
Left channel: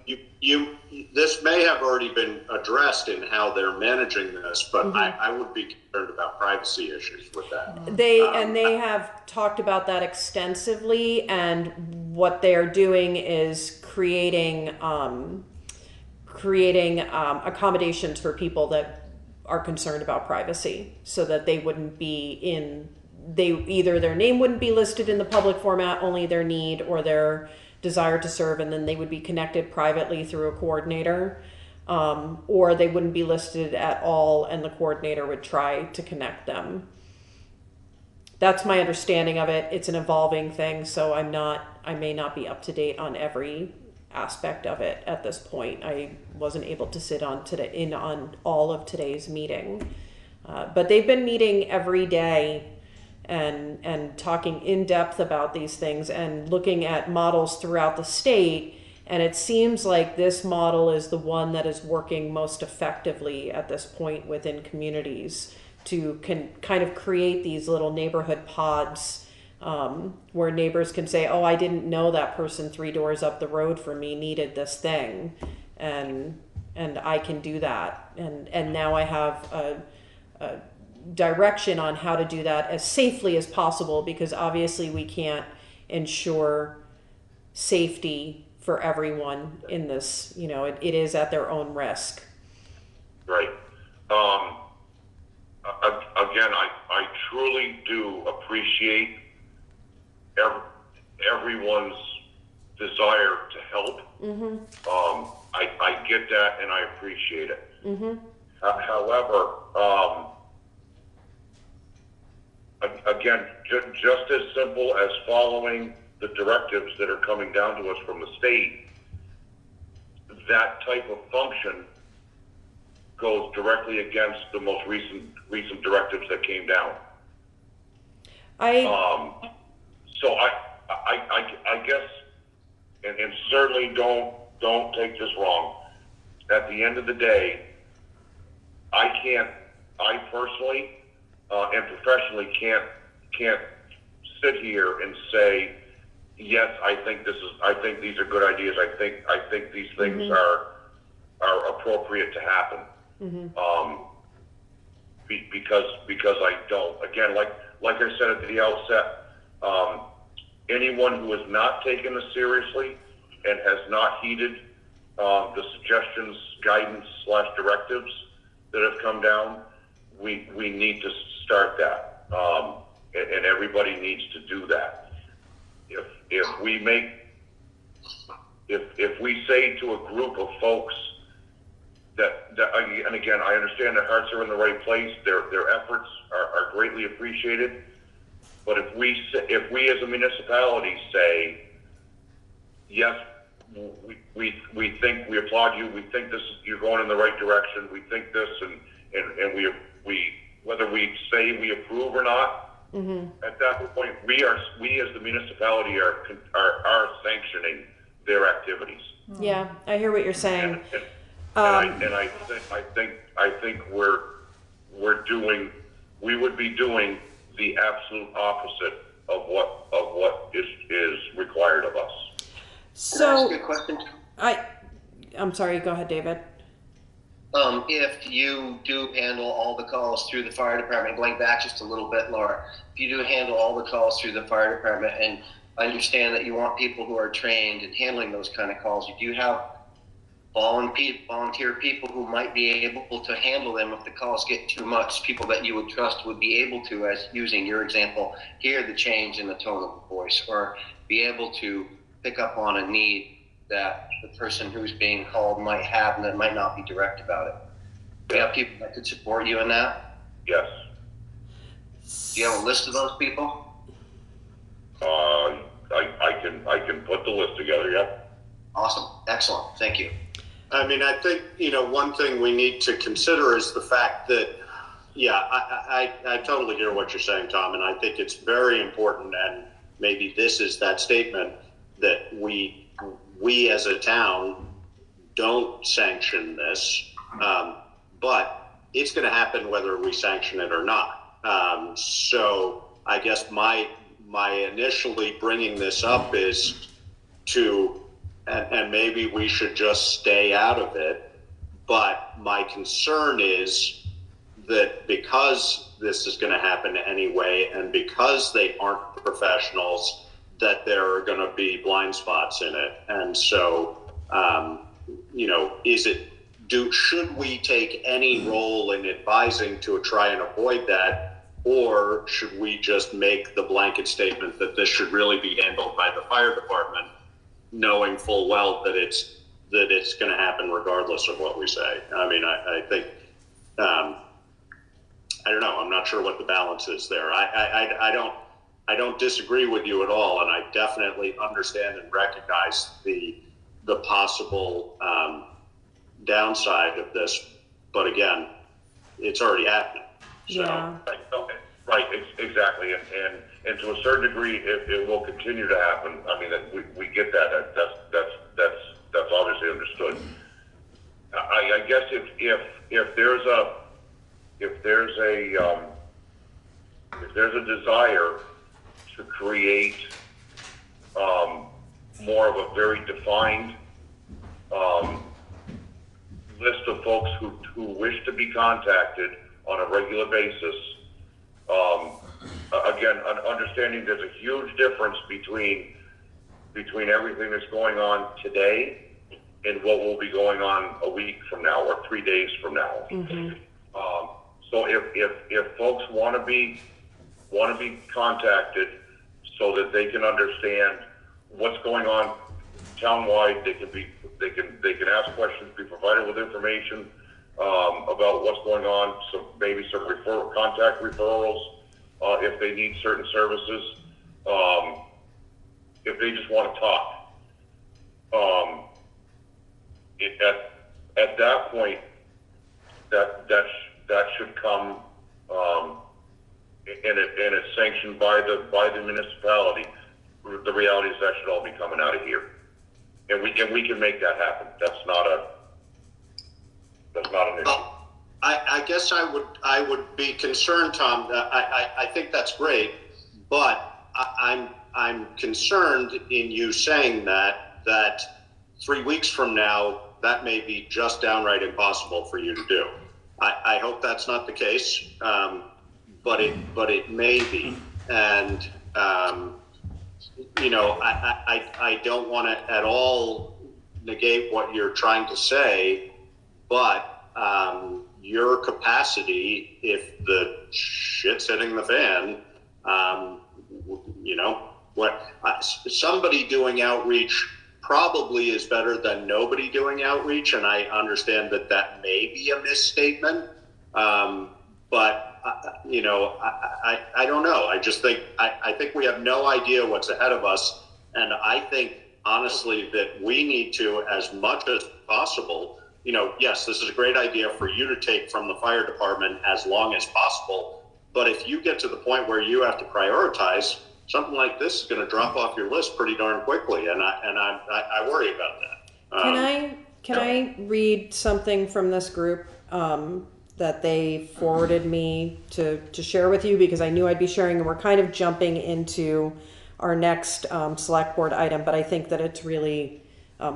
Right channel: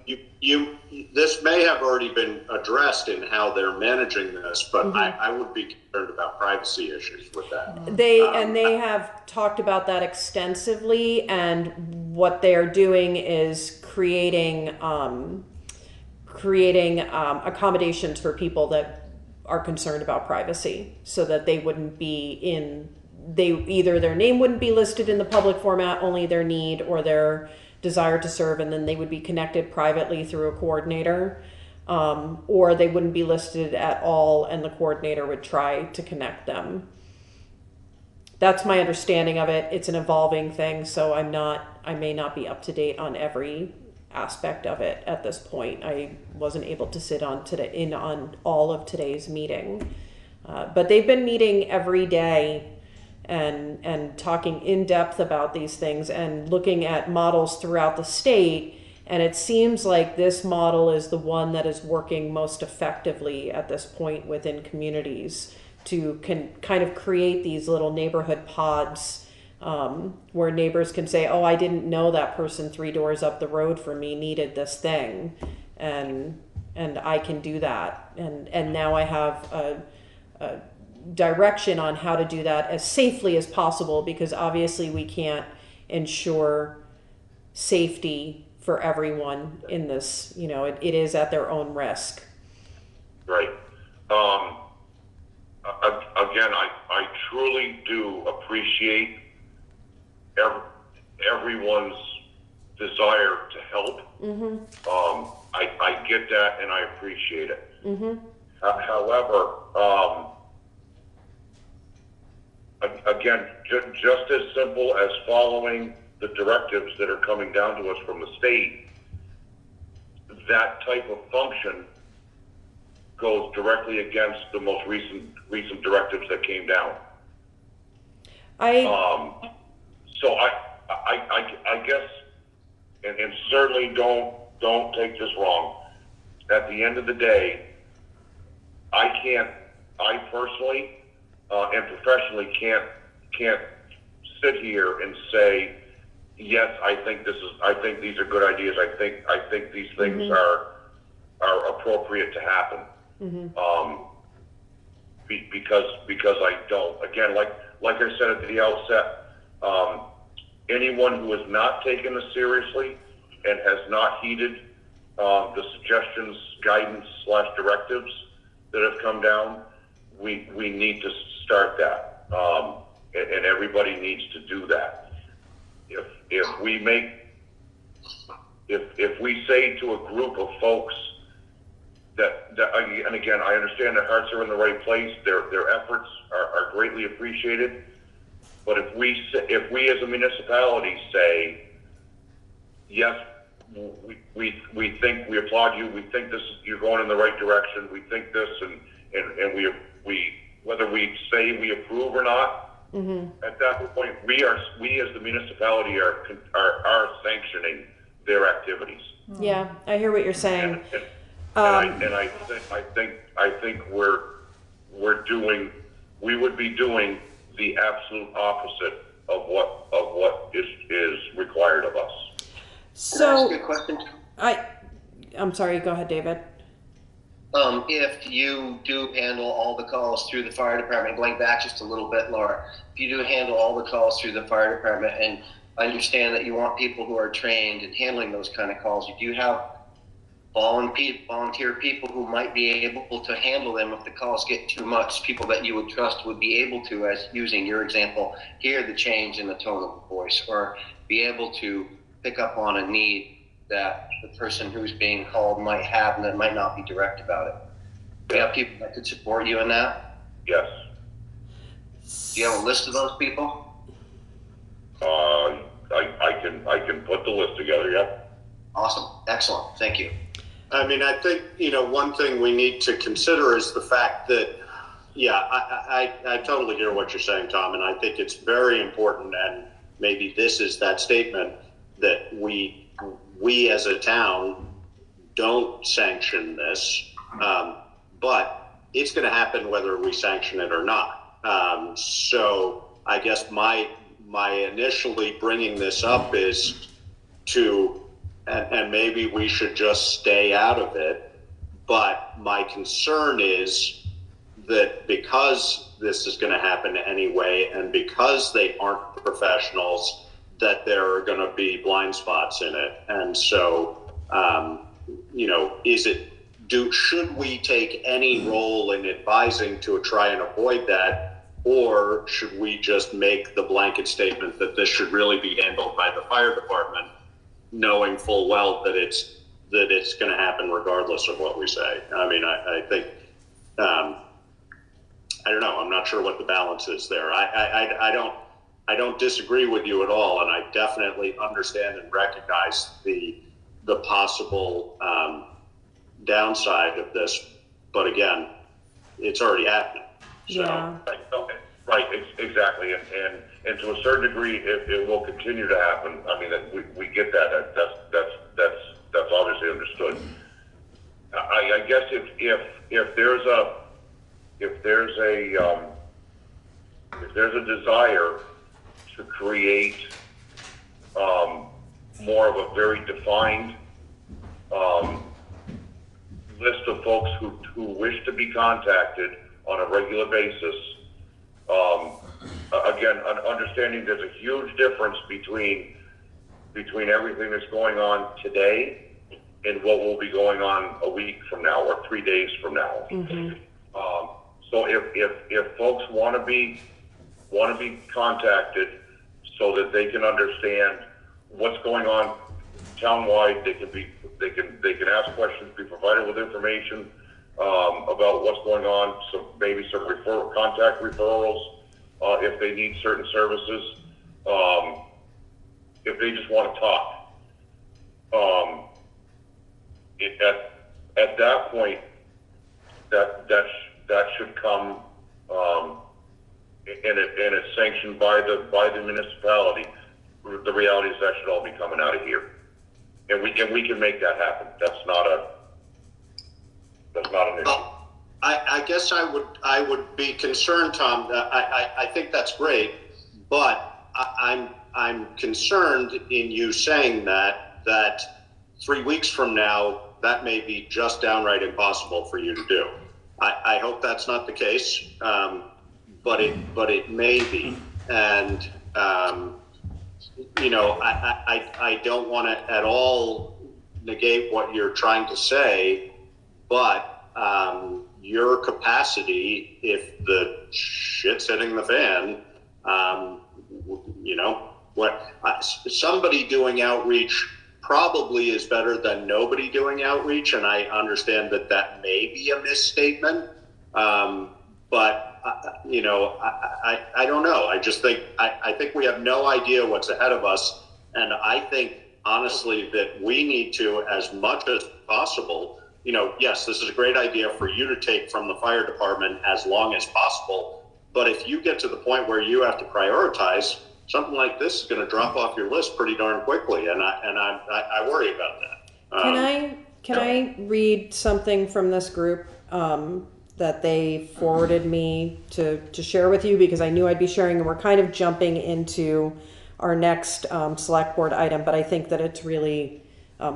This may have already been addressed in how they're managing this, but Mm-hmm. I would be concerned about privacy issues with that. They have talked about that extensively, and what they are doing is creating accommodations for people that are concerned about privacy, so that they wouldn't be either their name wouldn't be listed in the public format, only their need or their desire to serve, and then they would be connected privately through a coordinator, or they wouldn't be listed at all and the coordinator would try to connect them. That's my understanding of it. It's an evolving thing, so I may not be up to date on every aspect of it at this point. I wasn't able to sit on all of today's meeting, but they've been meeting every day and talking in depth about these things and looking at models throughout the state. And it seems like this model is the one that is working most effectively at this point within communities to kind of create these little neighborhood pods, where neighbors can say, oh, I didn't know that person 3 doors up the road from me needed this thing, and I can do that, and now I have a direction on how to do that as safely as possible, because obviously we can't ensure safety for everyone in this. It is at their own risk. Right. Again, I truly do appreciate everyone's desire to help. Mm-hmm. I get that, and I appreciate it. Mm-hmm. However, again, just as simple as following the directives that are coming down to us from the state, that type of function goes directly against the most recent directives that came down. So I guess and certainly don't take this wrong. At the end of the day, I personally and professionally can't sit here and say, yes, I think these are good ideas. I think these things are appropriate to happen. Because I don't. Again, like I said at the outset, anyone who has not taken this seriously and has not heeded the suggestions, guidance / directives that have come down, we need to start that, and everybody needs to do that. If we say to a group of folks that and again, I understand their hearts are in the right place, their efforts are greatly appreciated, but if we as a municipality say, yes, we think, we applaud you, we think you're going in the right direction, we think this, and we whether we say we approve or not, at that point we as the municipality are sanctioning their activities. Yeah, I hear what you're saying. I think we would be doing the absolute opposite of what is required of us. Can I ask So you a question? I'm sorry. Go ahead, David. If you do handle all the calls through the fire department, going back just a little bit, Laura, if you do handle all the calls through the fire department, and I understand that you want people who are trained in handling those kind of calls, do you have volunteer people who might be able to handle them if the calls get too much, people that you would trust would be able to, as using your example, hear the change in the tone of the voice, or be able to pick up on a need that the person who's being called might have and that might not be direct about it? Do you have people that could support you in that? Yes. Do you have a list of those people? I can put the list together, yeah. Awesome. Excellent. Thank you. I mean, I think, one thing we need to consider is the fact that, yeah, I totally hear what you're saying, Tom, and I think it's very important, and maybe this is that statement, that we as a town don't sanction this, but it's going to happen whether we sanction it or not. So I guess my initially bringing this up is to, and maybe we should just stay out of it, but my concern is that because this is going to happen anyway, and because they aren't professionals, that there are going to be blind spots in it. And so, should we take any role in advising to try and avoid that, or should we just make the blanket statement that this should really be handled by the fire department, knowing full well that it's going to happen regardless of what we say? I mean, I think, I don't know. I'm not sure what the balance is there. I don't disagree with you at all, and I definitely understand and recognize the possible downside of this. But again, it's already happening. So. Yeah. Right. Exactly. And to a certain degree, it will continue to happen. I mean, we get that. That's obviously understood. I guess if there's a desire to create more of a very defined list of folks who wish to be contacted on a regular basis, again, understanding there's a huge difference between everything that's going on today and what will be going on a week from now or 3 days from now. So if folks want to be contacted so that they can understand what's going on townwide, they can ask questions, be provided with information about what's going on, maybe some contact referrals if they need certain services, if they just want to talk. At that point, that should come, and it's sanctioned by the municipality. The reality is that should all be coming out of here. And we can make that happen. That's not an issue. I guess I would be concerned, Tom. I think that's great, but I'm concerned in you saying that 3 weeks from now that may be just downright impossible for you to do. I hope that's not the case, but it may be, and you know, I don't want to at all negate what you're trying to say, but your capacity, if the shit's hitting the fan, you know, somebody doing outreach probably is better than nobody doing outreach, and I understand that may be a misstatement, but you know, I don't know. I just think I think we have no idea what's ahead of us, and I think honestly that we need to, as much as possible, you know, yes, this is a great idea for you to take from the fire department as long as possible, but if you get to the point where you have to prioritize, something like this is going to drop off your list pretty darn quickly, and I worry about that. Can I read something from this group that they forwarded me to share with you, because I knew I'd be sharing, and we're kind of jumping into our next select board item, but I think that it's really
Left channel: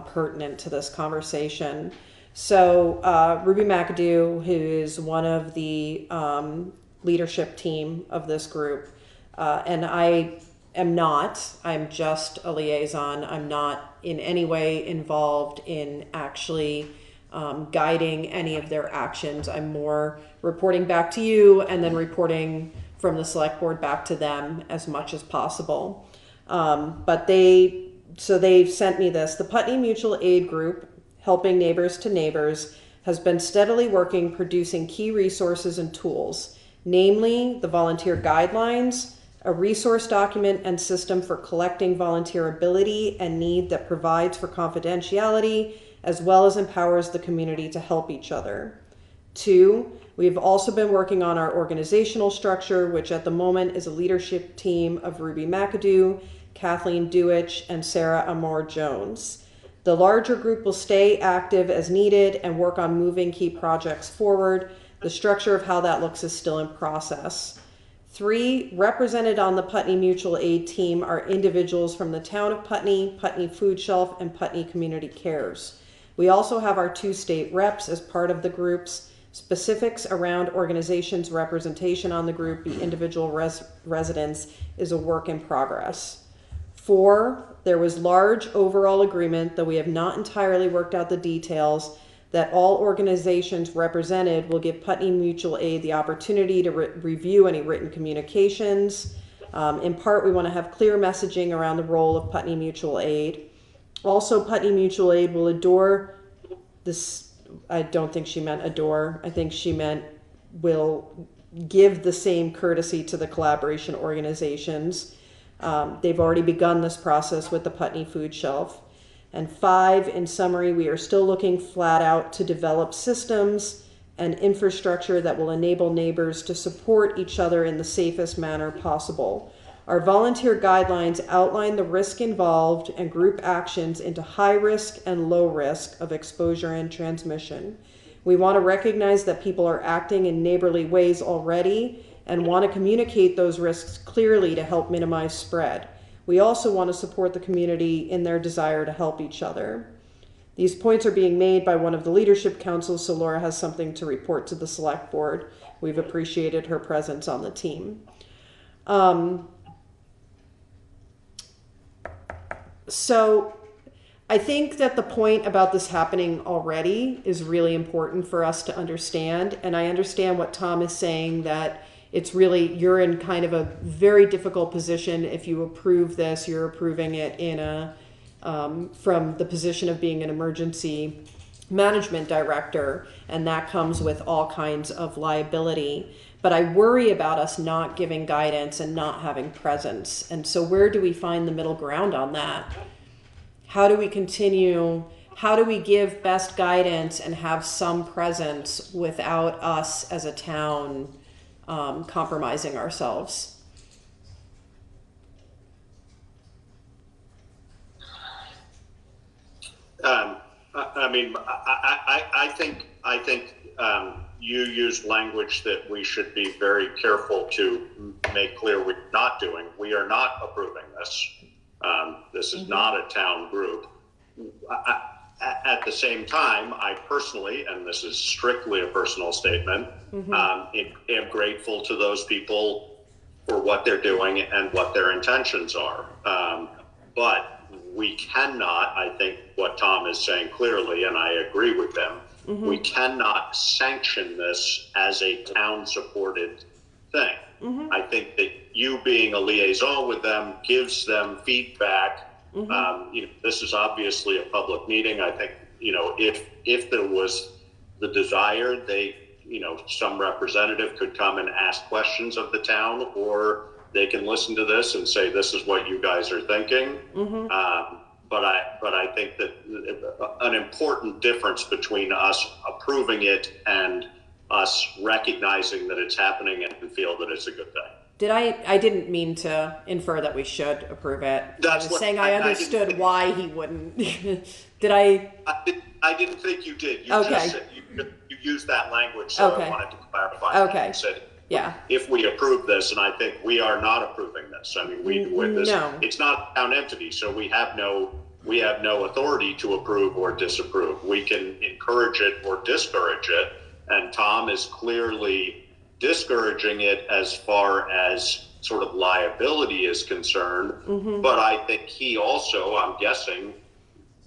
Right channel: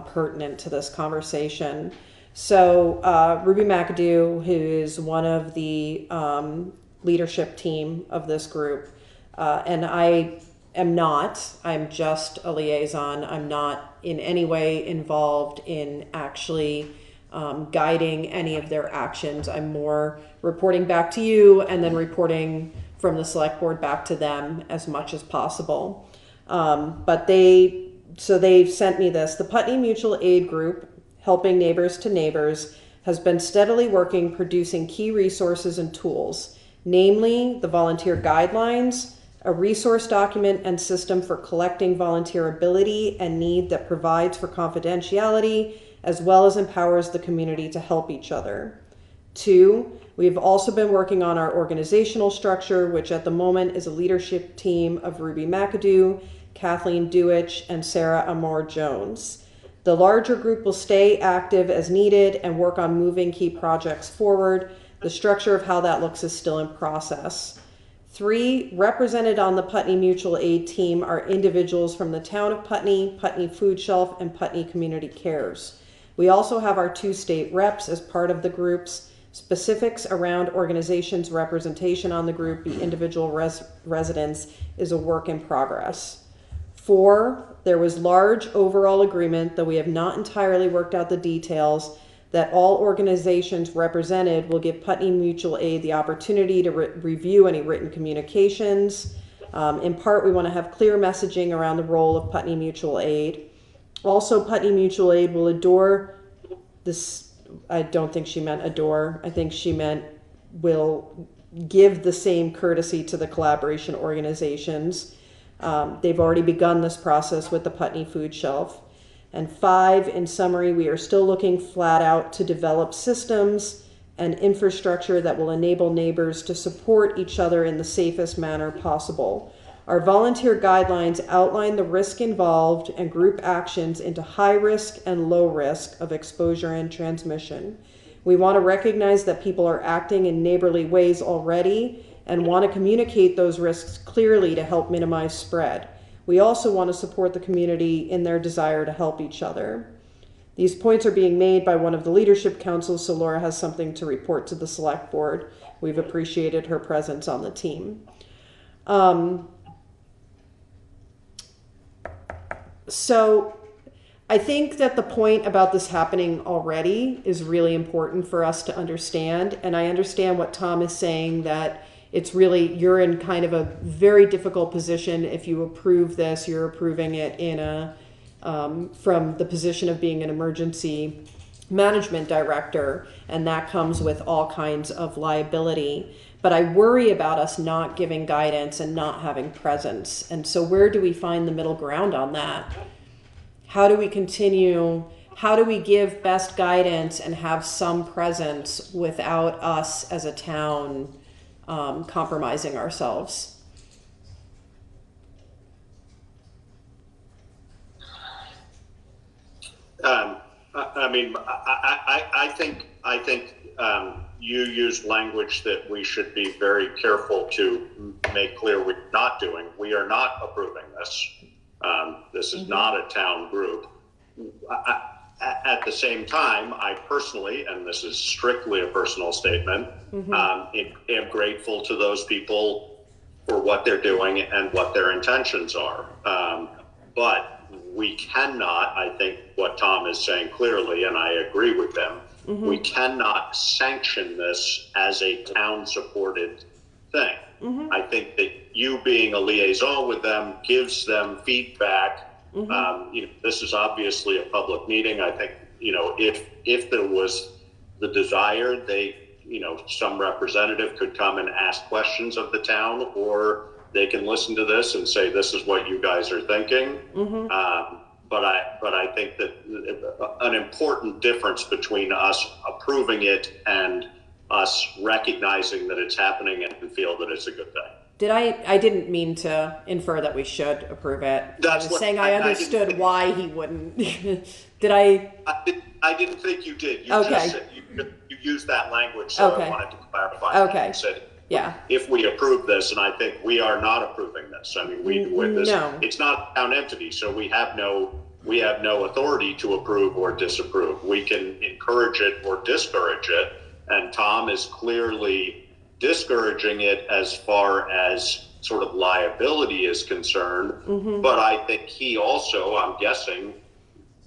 pertinent to this conversation. So Ruby McAdoo, who is one of the leadership team of this group, and I'm just a liaison. I'm not in any way involved in actually guiding any of their actions. I'm more reporting back to you and then reporting from the select board back to them as much as possible. But they've sent me this. The Putney Mutual Aid Group, Helping Neighbors to Neighbors, has been steadily working producing key resources and tools, namely the volunteer guidelines, a resource document and system for collecting volunteer ability and need that provides for confidentiality, as well as empowers the community to help each other. 2, we've also been working on our organizational structure, which at the moment is a leadership team of Ruby McAdoo, Kathleen Dewich, and Sarah Amor Jones. The larger group will stay active as needed and work on moving key projects forward. The structure of how that looks is still in process. 3, represented on the Putney Mutual Aid team are individuals from the town of Putney, Putney Food Shelf, and Putney Community Cares. We also have our 2 state reps as part of the groups. Specifics around organizations' representation on the group, the individual residents, is a work in progress. 4, there was large overall agreement, though we have not entirely worked out the details, that all organizations represented will give Putney Mutual Aid the opportunity to review any written communications. In part, we want to have clear messaging around the role of Putney Mutual Aid. Also, Putney Mutual Aid will adore this. I don't think she meant adore. I think she meant will give the same courtesy to the collaboration organizations. They've already begun this process with the Putney Food Shelf. And 5, in summary, we are still looking flat out to develop systems and infrastructure that will enable neighbors to support each other in the safest manner possible. Our volunteer guidelines outline the risk involved and group actions into high risk and low risk of exposure and transmission. We want to recognize that people are acting in neighborly ways already and want to communicate those risks clearly to help minimize spread. We also want to support the community in their desire to help each other. These points are being made by one of the leadership councils, so Laura has something to report to the select board. We've appreciated her presence on the team. So I think that the point about this happening already is really important for us to understand. And I understand what Tom is saying, that it's really, you're in kind of a very difficult position. If you approve this, you're approving it in a, from the position of being an emergency management director, and that comes with all kinds of liability. But I worry about us not giving guidance and not having presence. And so where do we find the middle ground on that? How do we continue? How do we give best guidance and have some presence without us as a town compromising ourselves? I mean, I think you used language that we should be very careful to make clear we're not doing. We are not approving this. This is not a town group. At the same time, I personally, and this is strictly a personal statement, am grateful to those people for what they're doing and what their intentions are. But we cannot, I think what Tom is saying clearly, and I agree with them, we cannot sanction this as a town-supported thing. I think that you being a liaison with them gives them feedback. This is obviously a public meeting. I think, if there was the desire, some representative could come and ask questions of the town, or they can listen to this and say, this is what you guys are thinking. But I think that an important difference between us approving it and us recognizing that it's happening and feel that it's a good thing. I didn't mean to infer that we should approve it. That's I was saying I understood why he wouldn't. Did I? I didn't think you did. You Okay. just said, you used that language, so Okay. I wanted to clarify. Okay. You said, Yeah. if we approve this, and I think we are not approving this. I mean, with this, No. it's not a town entity, so we have no authority to approve or disapprove. We can encourage it or discourage it, and Tom is clearly discouraging it as far as sort of liability is concerned. But I think he also, I'm guessing,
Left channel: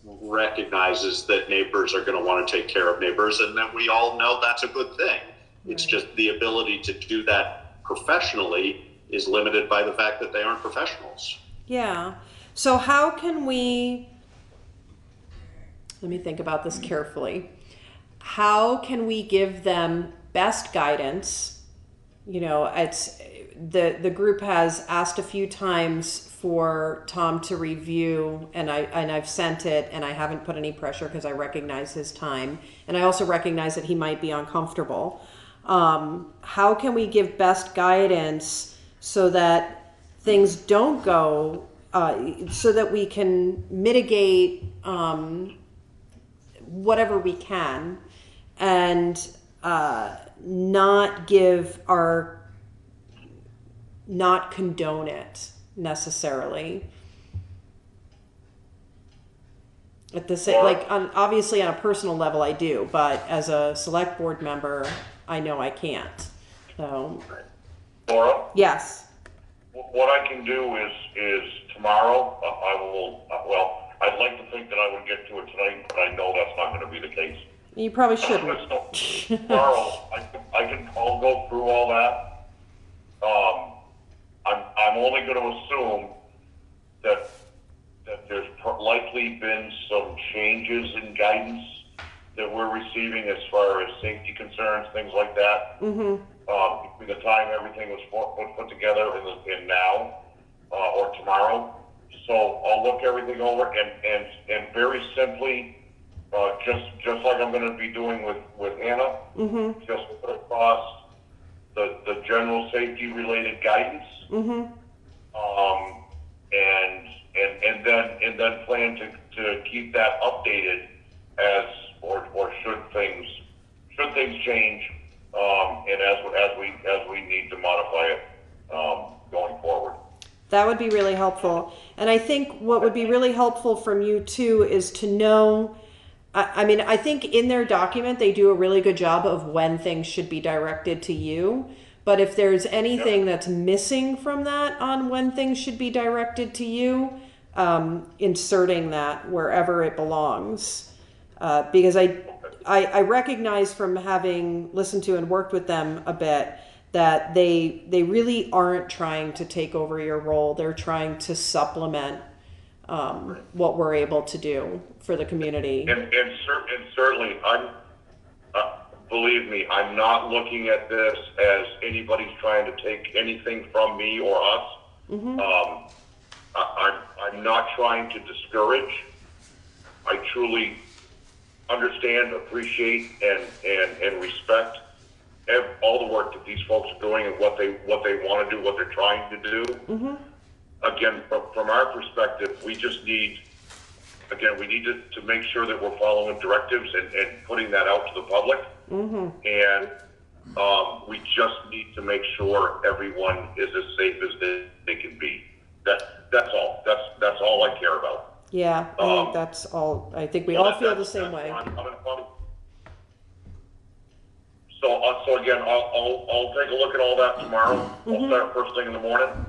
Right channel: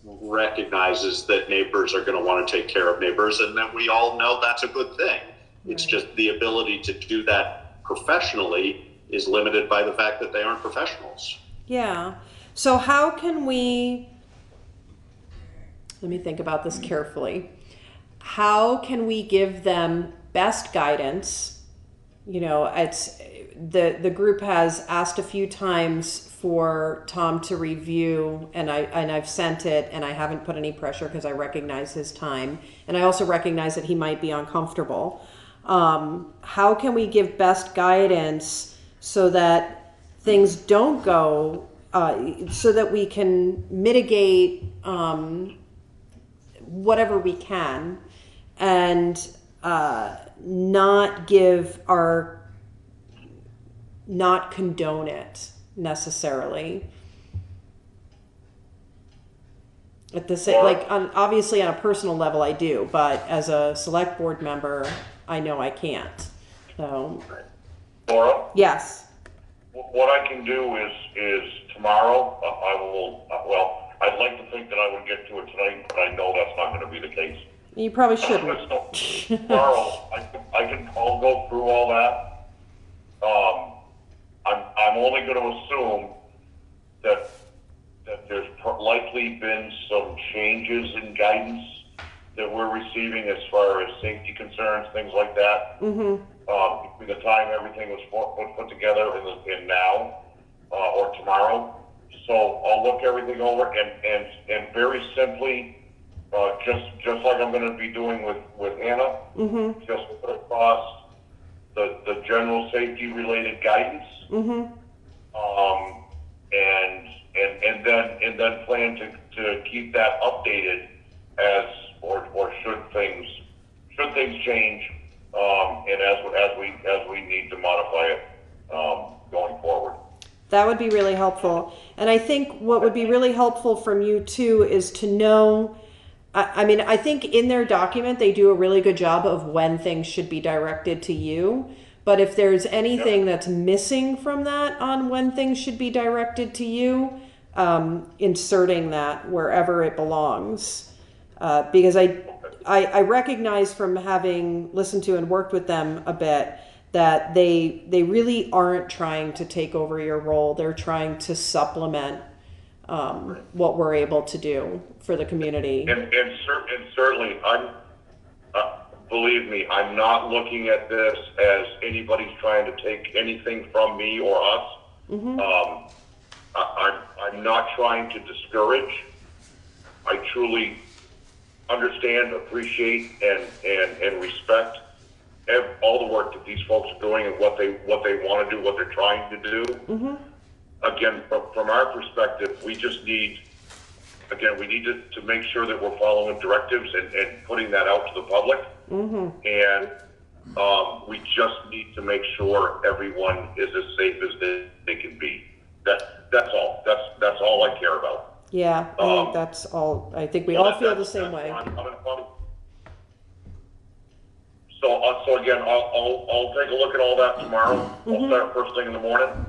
recognizes that neighbors are going to want to take care of neighbors, and that we all know that's a good thing. It's just the ability to do that professionally is limited by the fact that they aren't professionals. Yeah. So how can we, let me think about this carefully. How can we give them best guidance? It's the group has asked a few times for Tom to review, and I've sent it, and I haven't put any pressure because I recognize his time, and I also recognize that he might be uncomfortable. How can we give best guidance so that things don't go, so that we can mitigate whatever we can, and not condone it necessarily. At the same, obviously on a personal level I do, but as a select board member, I know I can't. So. Laura? Yes. What I can do is tomorrow, I'd like to think that I would get to it tonight, but I know that's not going to be the case. You probably shouldn't. Tomorrow, I'll go through all that. I'm only going to assume that there's likely been some changes in guidance that we're receiving as far as safety concerns, things like that. Between the time everything was put together and now, or tomorrow. So I'll look everything over and very simply, just like I'm going to be doing with Anna, just put across the general safety related guidance, and then plan to keep that updated as or should things change, and as we need to modify it going forward. That would be really helpful. And I think what would be really helpful from you too is to know, I think in their document they do a really good job of when things should be directed to you. But if there's anything that's missing from that on when things should be directed to you, inserting that wherever it belongs. Because I recognize from having listened to and worked with them a bit that they really aren't trying to take over your role. They're trying to supplement what we're able to do for the community. And certainly, believe me, I'm not looking at this as anybody's trying to take anything from me or us. I'm not trying to discourage. I truly understand, appreciate, and respect all the work that these folks are doing and what they want to do, what they're trying to do. Again, from our perspective, we just need again, we need to make sure that we're following directives and putting that out to the public. And we just need to make sure everyone is as safe as they can be. That's all. That's all I care about. Yeah, I think that's all. I think we all feel the same way. So again, I'll take a look at all that tomorrow. I'll start first thing in the morning,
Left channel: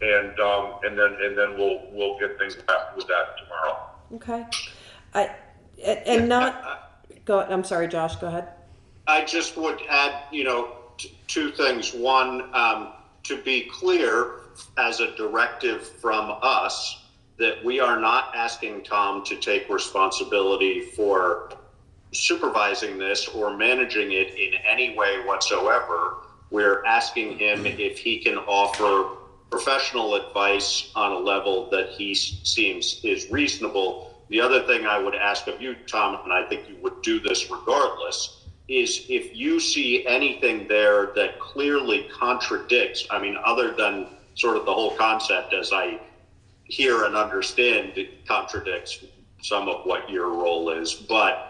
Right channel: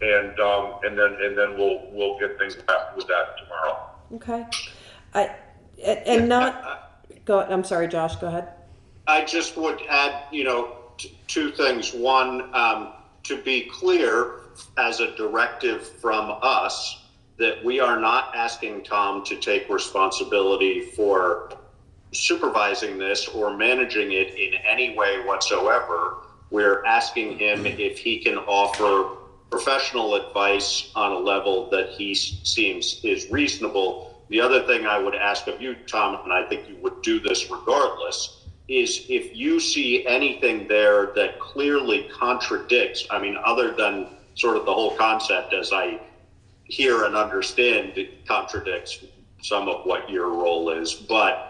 and then we'll get things back with that tomorrow. Okay. And not go. I'm sorry, Josh. Go ahead. I just would add, two things. One, to be clear, as a directive from us, that we are not asking Tom to take responsibility for supervising this or managing it in any way whatsoever. We're asking him if he can offer professional advice on a level that he seems is reasonable. The other thing I would ask of you, Tom, and I think you would do this regardless, is if you see anything there that clearly contradicts, other than sort of the whole concept as I hear and understand, it contradicts some of what your role is. But,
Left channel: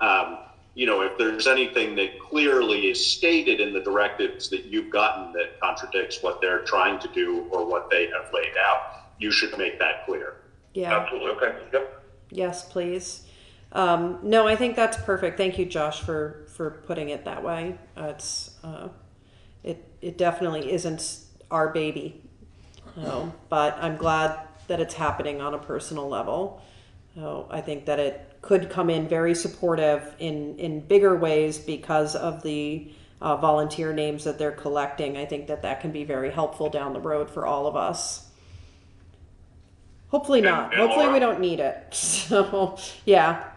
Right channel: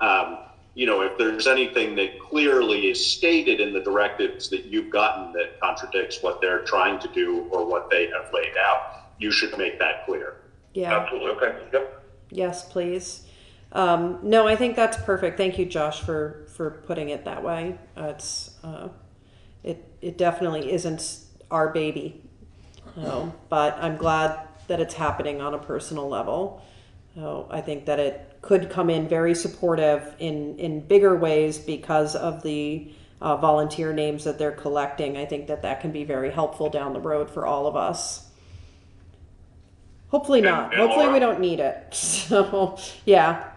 if there's anything that clearly is stated in the directives that you've gotten that contradicts what they're trying to do or what they have laid out, you should make that clear. Yeah. Absolutely. Okay. Yep. Yes, please. No, I think that's perfect. Thank you, Josh, for putting it that way. It definitely isn't our baby, but I'm glad that it's happening on a personal level. I think that it could come in very supportive in bigger ways because of the volunteer names that they're collecting. I think that can be very helpful down the road for all of us. Hopefully not. Hopefully Laura, we don't need it. So, yeah.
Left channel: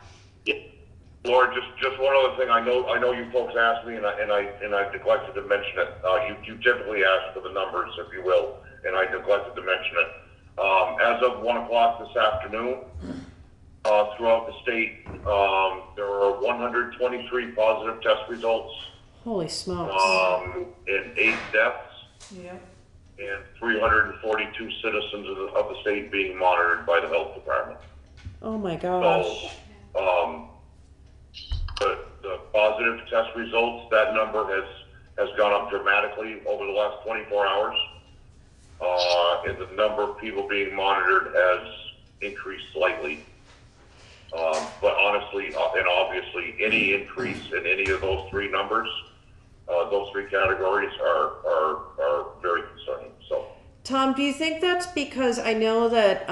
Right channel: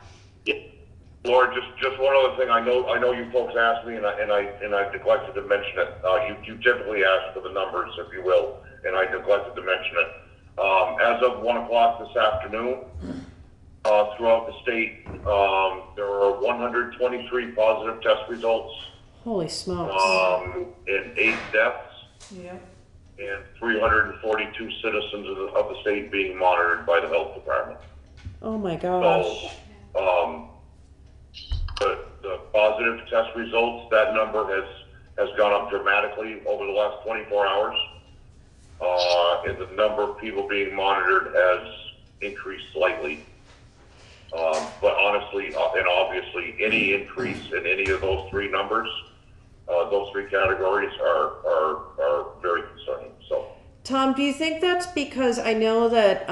Laura, just one other thing. I know you folks asked me, and I neglected to mention it. You typically ask for the numbers, if you will, and I neglected to mention it. As of 1:00 this afternoon, throughout the state, there are 123 positive test results. Holy smokes. And 8 deaths. Yeah. And 342 citizens of the state being monitored by the health department. Oh my gosh. So, the positive test results, that number has gone up dramatically over the last 24 hours. And the number of people being monitored has increased slightly. But honestly, and obviously, any increase in any of those three numbers, those three categories are very concerning. So, Tom, do you think that's because I know that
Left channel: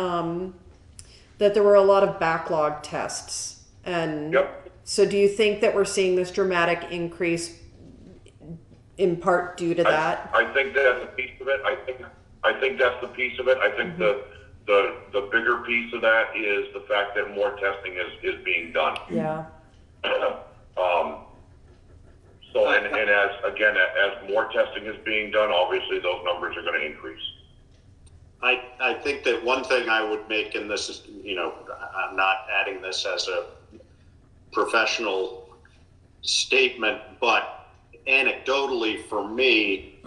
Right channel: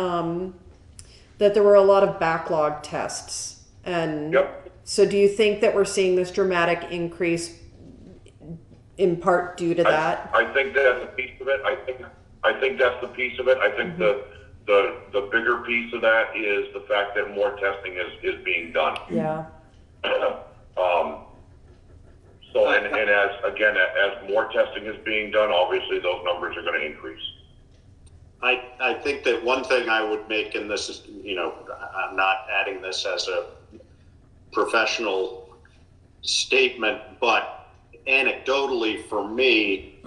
that there were a lot of backlog tests, and so do you think that we're seeing this dramatic increase in part due to that? I think that's a piece of it. I think that's the piece of it. I think the bigger piece of that is the fact that more testing is being done. Yeah. So, and as more testing is being done, obviously those numbers are going to increase. I think that one thing I would make, and this is, I'm not adding this as a professional statement, but anecdotally for me,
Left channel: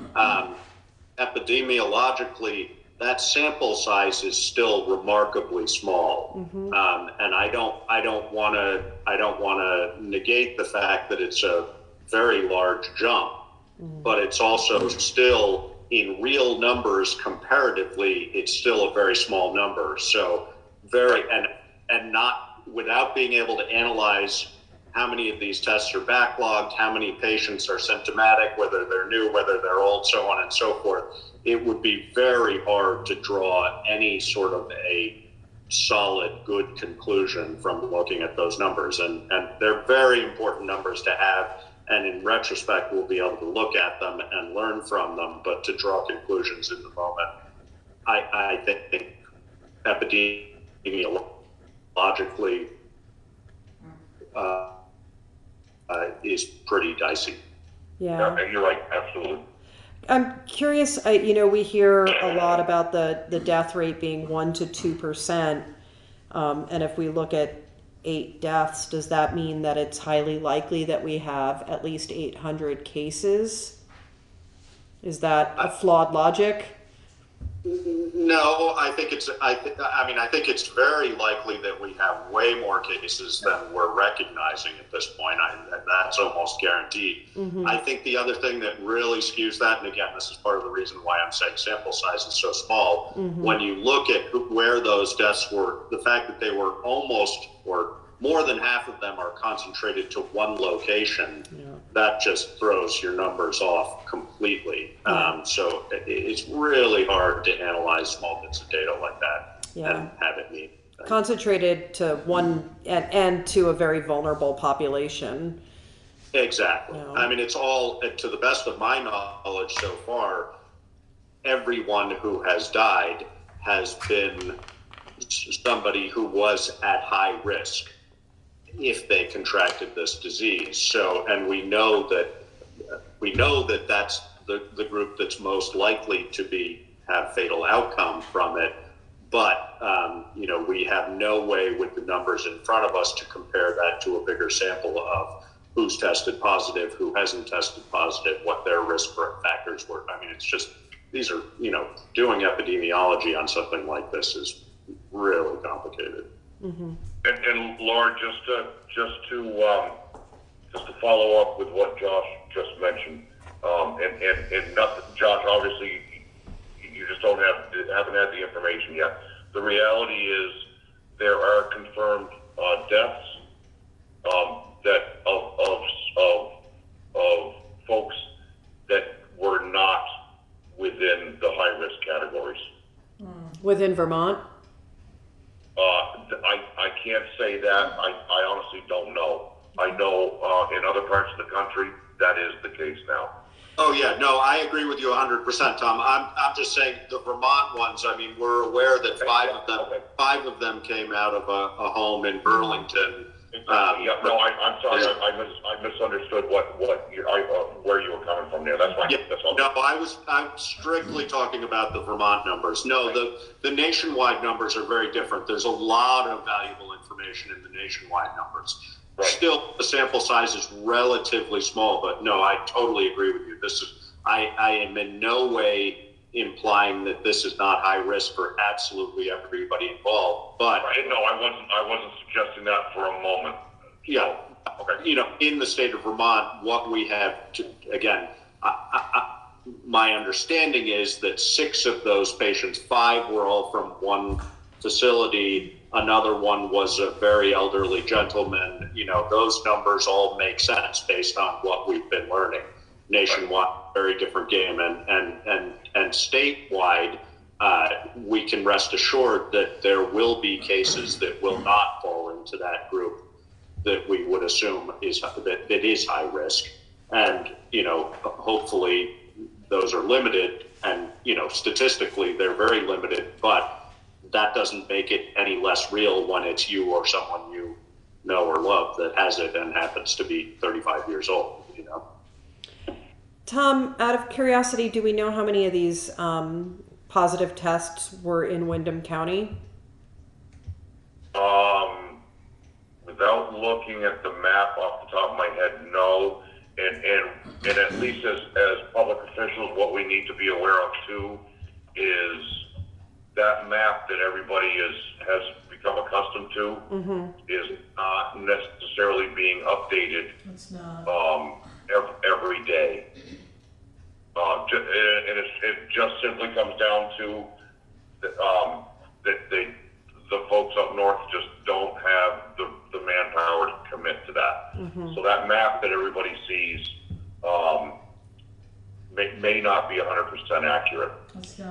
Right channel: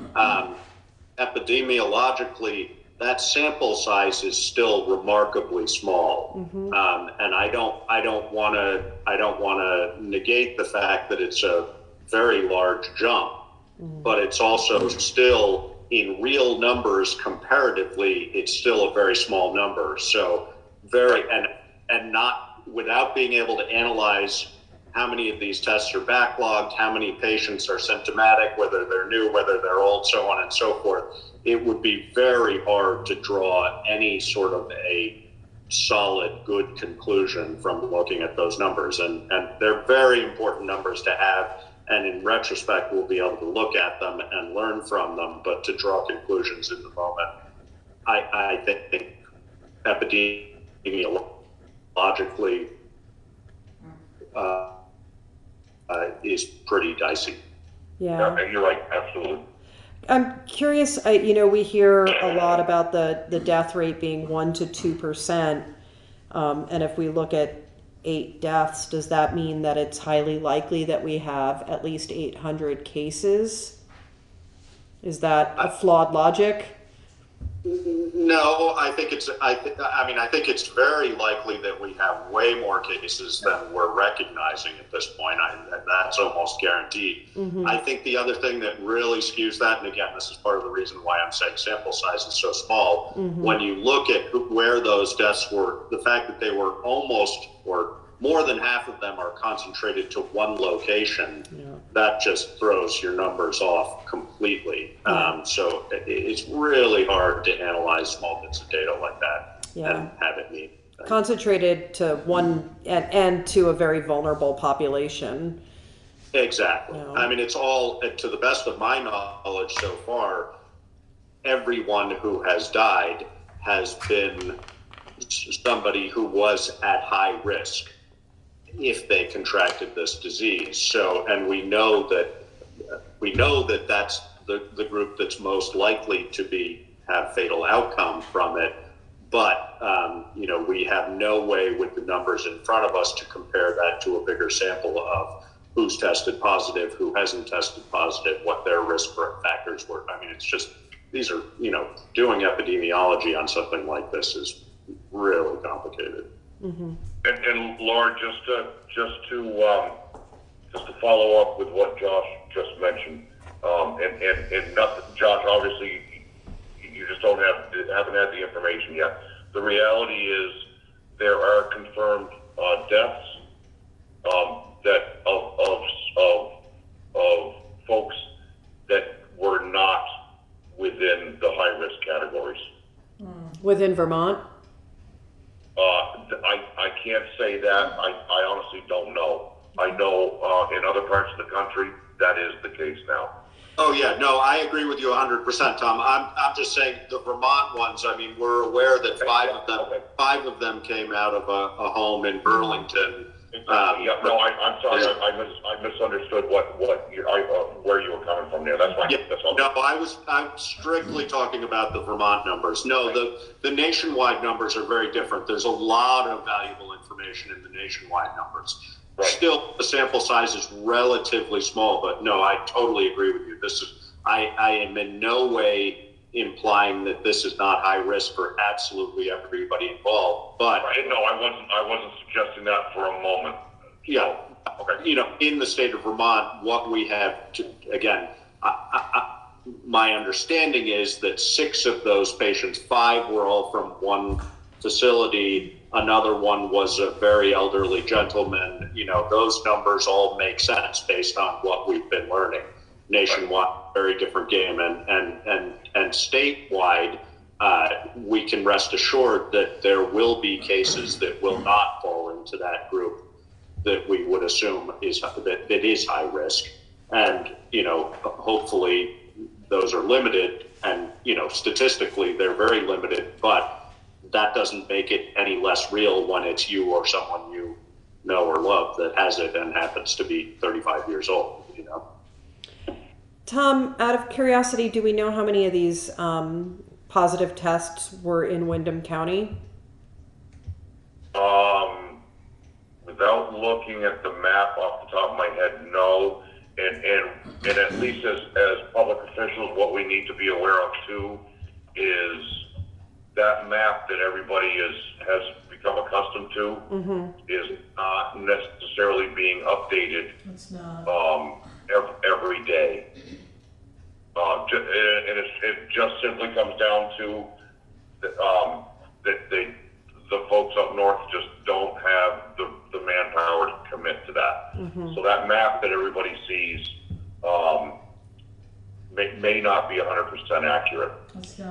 epidemiologically, that sample size is still remarkably small, and I don't want to negate the fact that it's a very large jump, but it's also still in real numbers comparatively, it's still a very small number. So and not without being able to analyze how many of these tests are backlogged, how many patients are symptomatic, whether they're new, whether they're old, so on and so forth. It would be very hard to draw any sort of a solid, good conclusion from looking at those numbers. And they're very important numbers to have. And in retrospect, we'll be able to look at them and learn from them. But to draw conclusions in the moment, I think epidemiologically is pretty dicey. Yeah. You're right, absolutely. I'm curious, we hear a lot about the death rate being 1 to 2%. And if we look at 8 deaths, does that mean that it's highly likely that we have at least 800 cases? Is that a flawed logic? No, I think it's very likely that we have way way more cases than we're recognizing at this point. That's almost guaranteed. I think the other thing that really skews that, and again, this is part of the reason why I'm saying sample size is so small, when you look at where those deaths were, the fact that they were almost, or more than half of them are concentrated to one location, that just throws your numbers off completely. So it's really hard to analyze small bits of data like that and have it meet. Concentrated to one and to a very vulnerable population. Exactly. I mean, it's all, to the best of my knowledge so far, everyone who has died has been somebody who was at high risk if they contracted this disease. So, and we know that that's the group that's most likely to have fatal outcome from it. But, we have no way with the numbers in front of us to compare that to a bigger sample of who's tested positive, who hasn't tested positive, what their risk factors were. I mean, it's just, these are, doing epidemiology on something like this is really complicated. And Laura, just to follow up with what Josh just mentioned, and nothing, Josh, obviously you just haven't had the information yet. The reality is there are confirmed deaths that of folks that were not within the high risk categories. Within Vermont? I can't say that. I honestly don't know. I know in other parts of the country that is the case now. Oh yeah, no, I agree with you 100%, Tom. I'm just saying the Vermont ones. I mean, we're aware that five of them came out of a home in Burlington. I'm sorry, I misunderstood where you were coming from there. That's fine. Yeah, That's all. no, I'm strictly talking about the Vermont numbers. No, the nationwide numbers are very different. There's a lot of valuable information in the nationwide numbers. Right. Still, the sample size is relatively small, but no, I totally agree with you. I am in no way implying that this is not high risk for absolutely everybody involved. But no, I wasn't suggesting that for a moment. Yeah. Okay. In the state of Vermont, what we have to, again, my understanding is that 6 of those patients, 5 were all from one facility. Another one was a very elderly gentleman. Those numbers all make sense based on what we've been learning. Nationwide, very different game, and statewide, we can rest assured that there will be cases that will not fall into that group that we would assume that is high risk, and hopefully those are limited, and statistically they're very limited, but that doesn't make it any less real when it's you or someone you know or love that has it and happens to be 35 years old. Tom, out of curiosity, do we know how many of these positive tests were in Windham County? Without looking at the map off the top of my head, no. And at least as public officials, what we need to be aware of too is that map that everybody has become accustomed to is not necessarily being updated. It's not. Every day. And it just simply comes down to that the folks up north just don't have the manpower to commit to that. So that map that everybody sees may not be 100% accurate.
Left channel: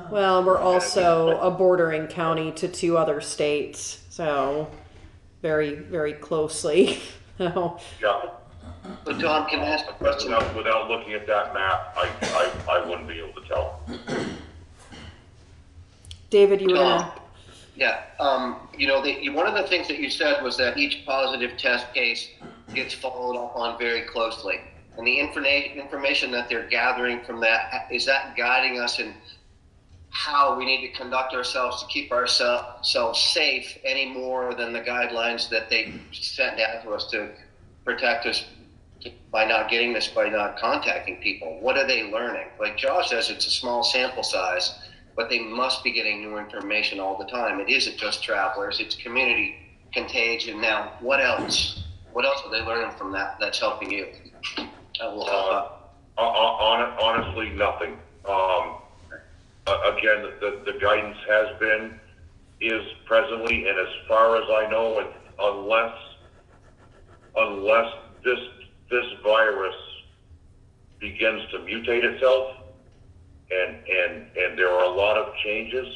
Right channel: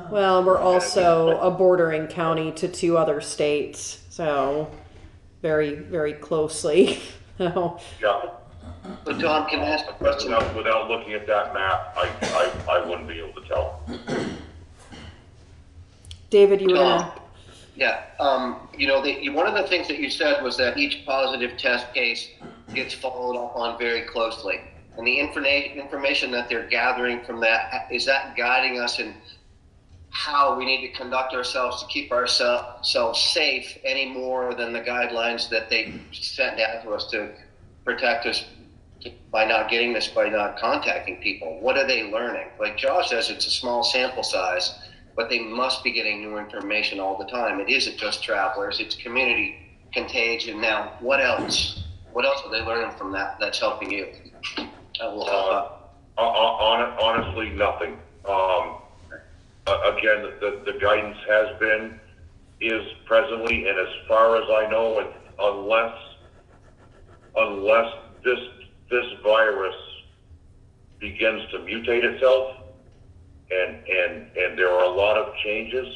Well, we're also a bordering county to 2 other states, so very, very closely. So. Yeah. So Tom, can I ask a question? Without looking at that map, I wouldn't be able to tell. David, you were gonna... Yeah, one of the things that you said was that each positive test case gets followed up on very closely. And the information that they're gathering from that, is that guiding us in how we need to conduct ourselves to keep ourselves safe any more than the guidelines that they sent down to us to protect us by not getting this, by not contacting people? What are they learning? Like Josh says, it's a small sample size, but they must be getting new information all the time. It isn't just travelers, it's community contagion. Now, what else? What else are they learning from that that's helping you? That will help out. Honestly, nothing. Again, the guidance has been, is presently, and as far as I know, and unless this virus begins to mutate itself, and there are a lot of changes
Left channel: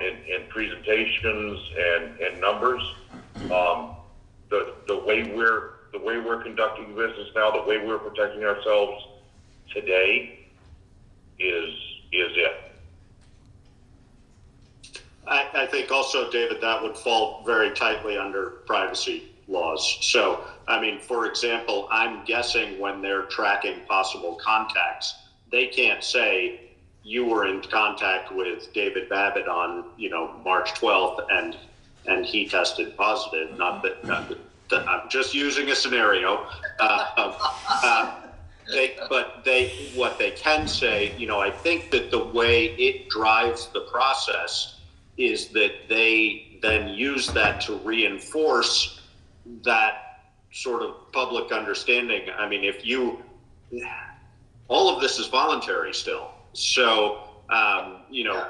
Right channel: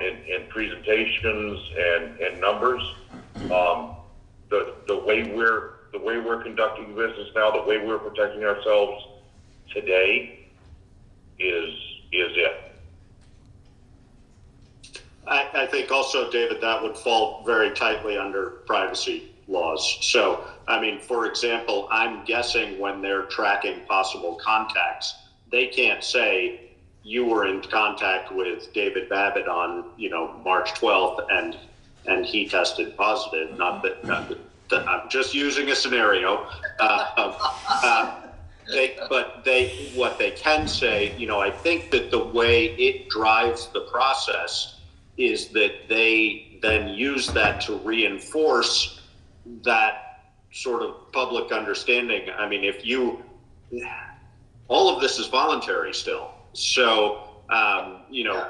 in presentations and numbers, the way we're conducting business now, the way we're protecting ourselves today is it. I think also, David, that would fall very tightly under privacy laws. So, I mean, for example, I'm guessing when they're tracking possible contacts, they can't say you were in contact with David Babbitt on, March 12th and he tested positive. Not that I'm just using a scenario. What they can say, I think that the way it drives the process is that they then use that to reinforce that sort of public understanding. I mean, all of this is voluntary still. So,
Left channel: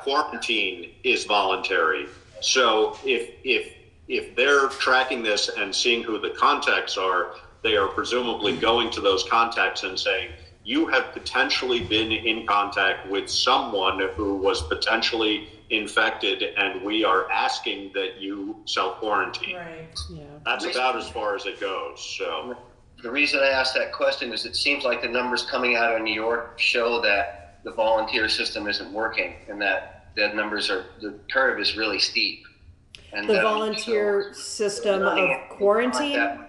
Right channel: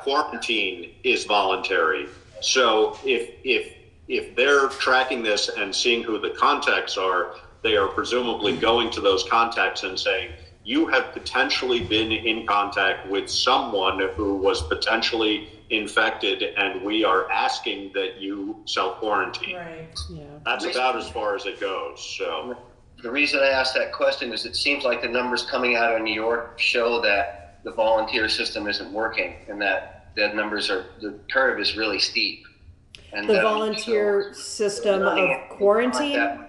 quarantine is voluntary. So if they're tracking this and seeing who the contacts are, they are presumably going to those contacts and saying, you have potentially been in contact with someone who was potentially infected, and we are asking that you self-quarantine. Right. Yeah. That's about as far as it goes. So the reason I asked that question is it seems like the numbers coming out of New York show that the volunteer system isn't working, and that the curve is really steep. And the volunteer system of quarantine?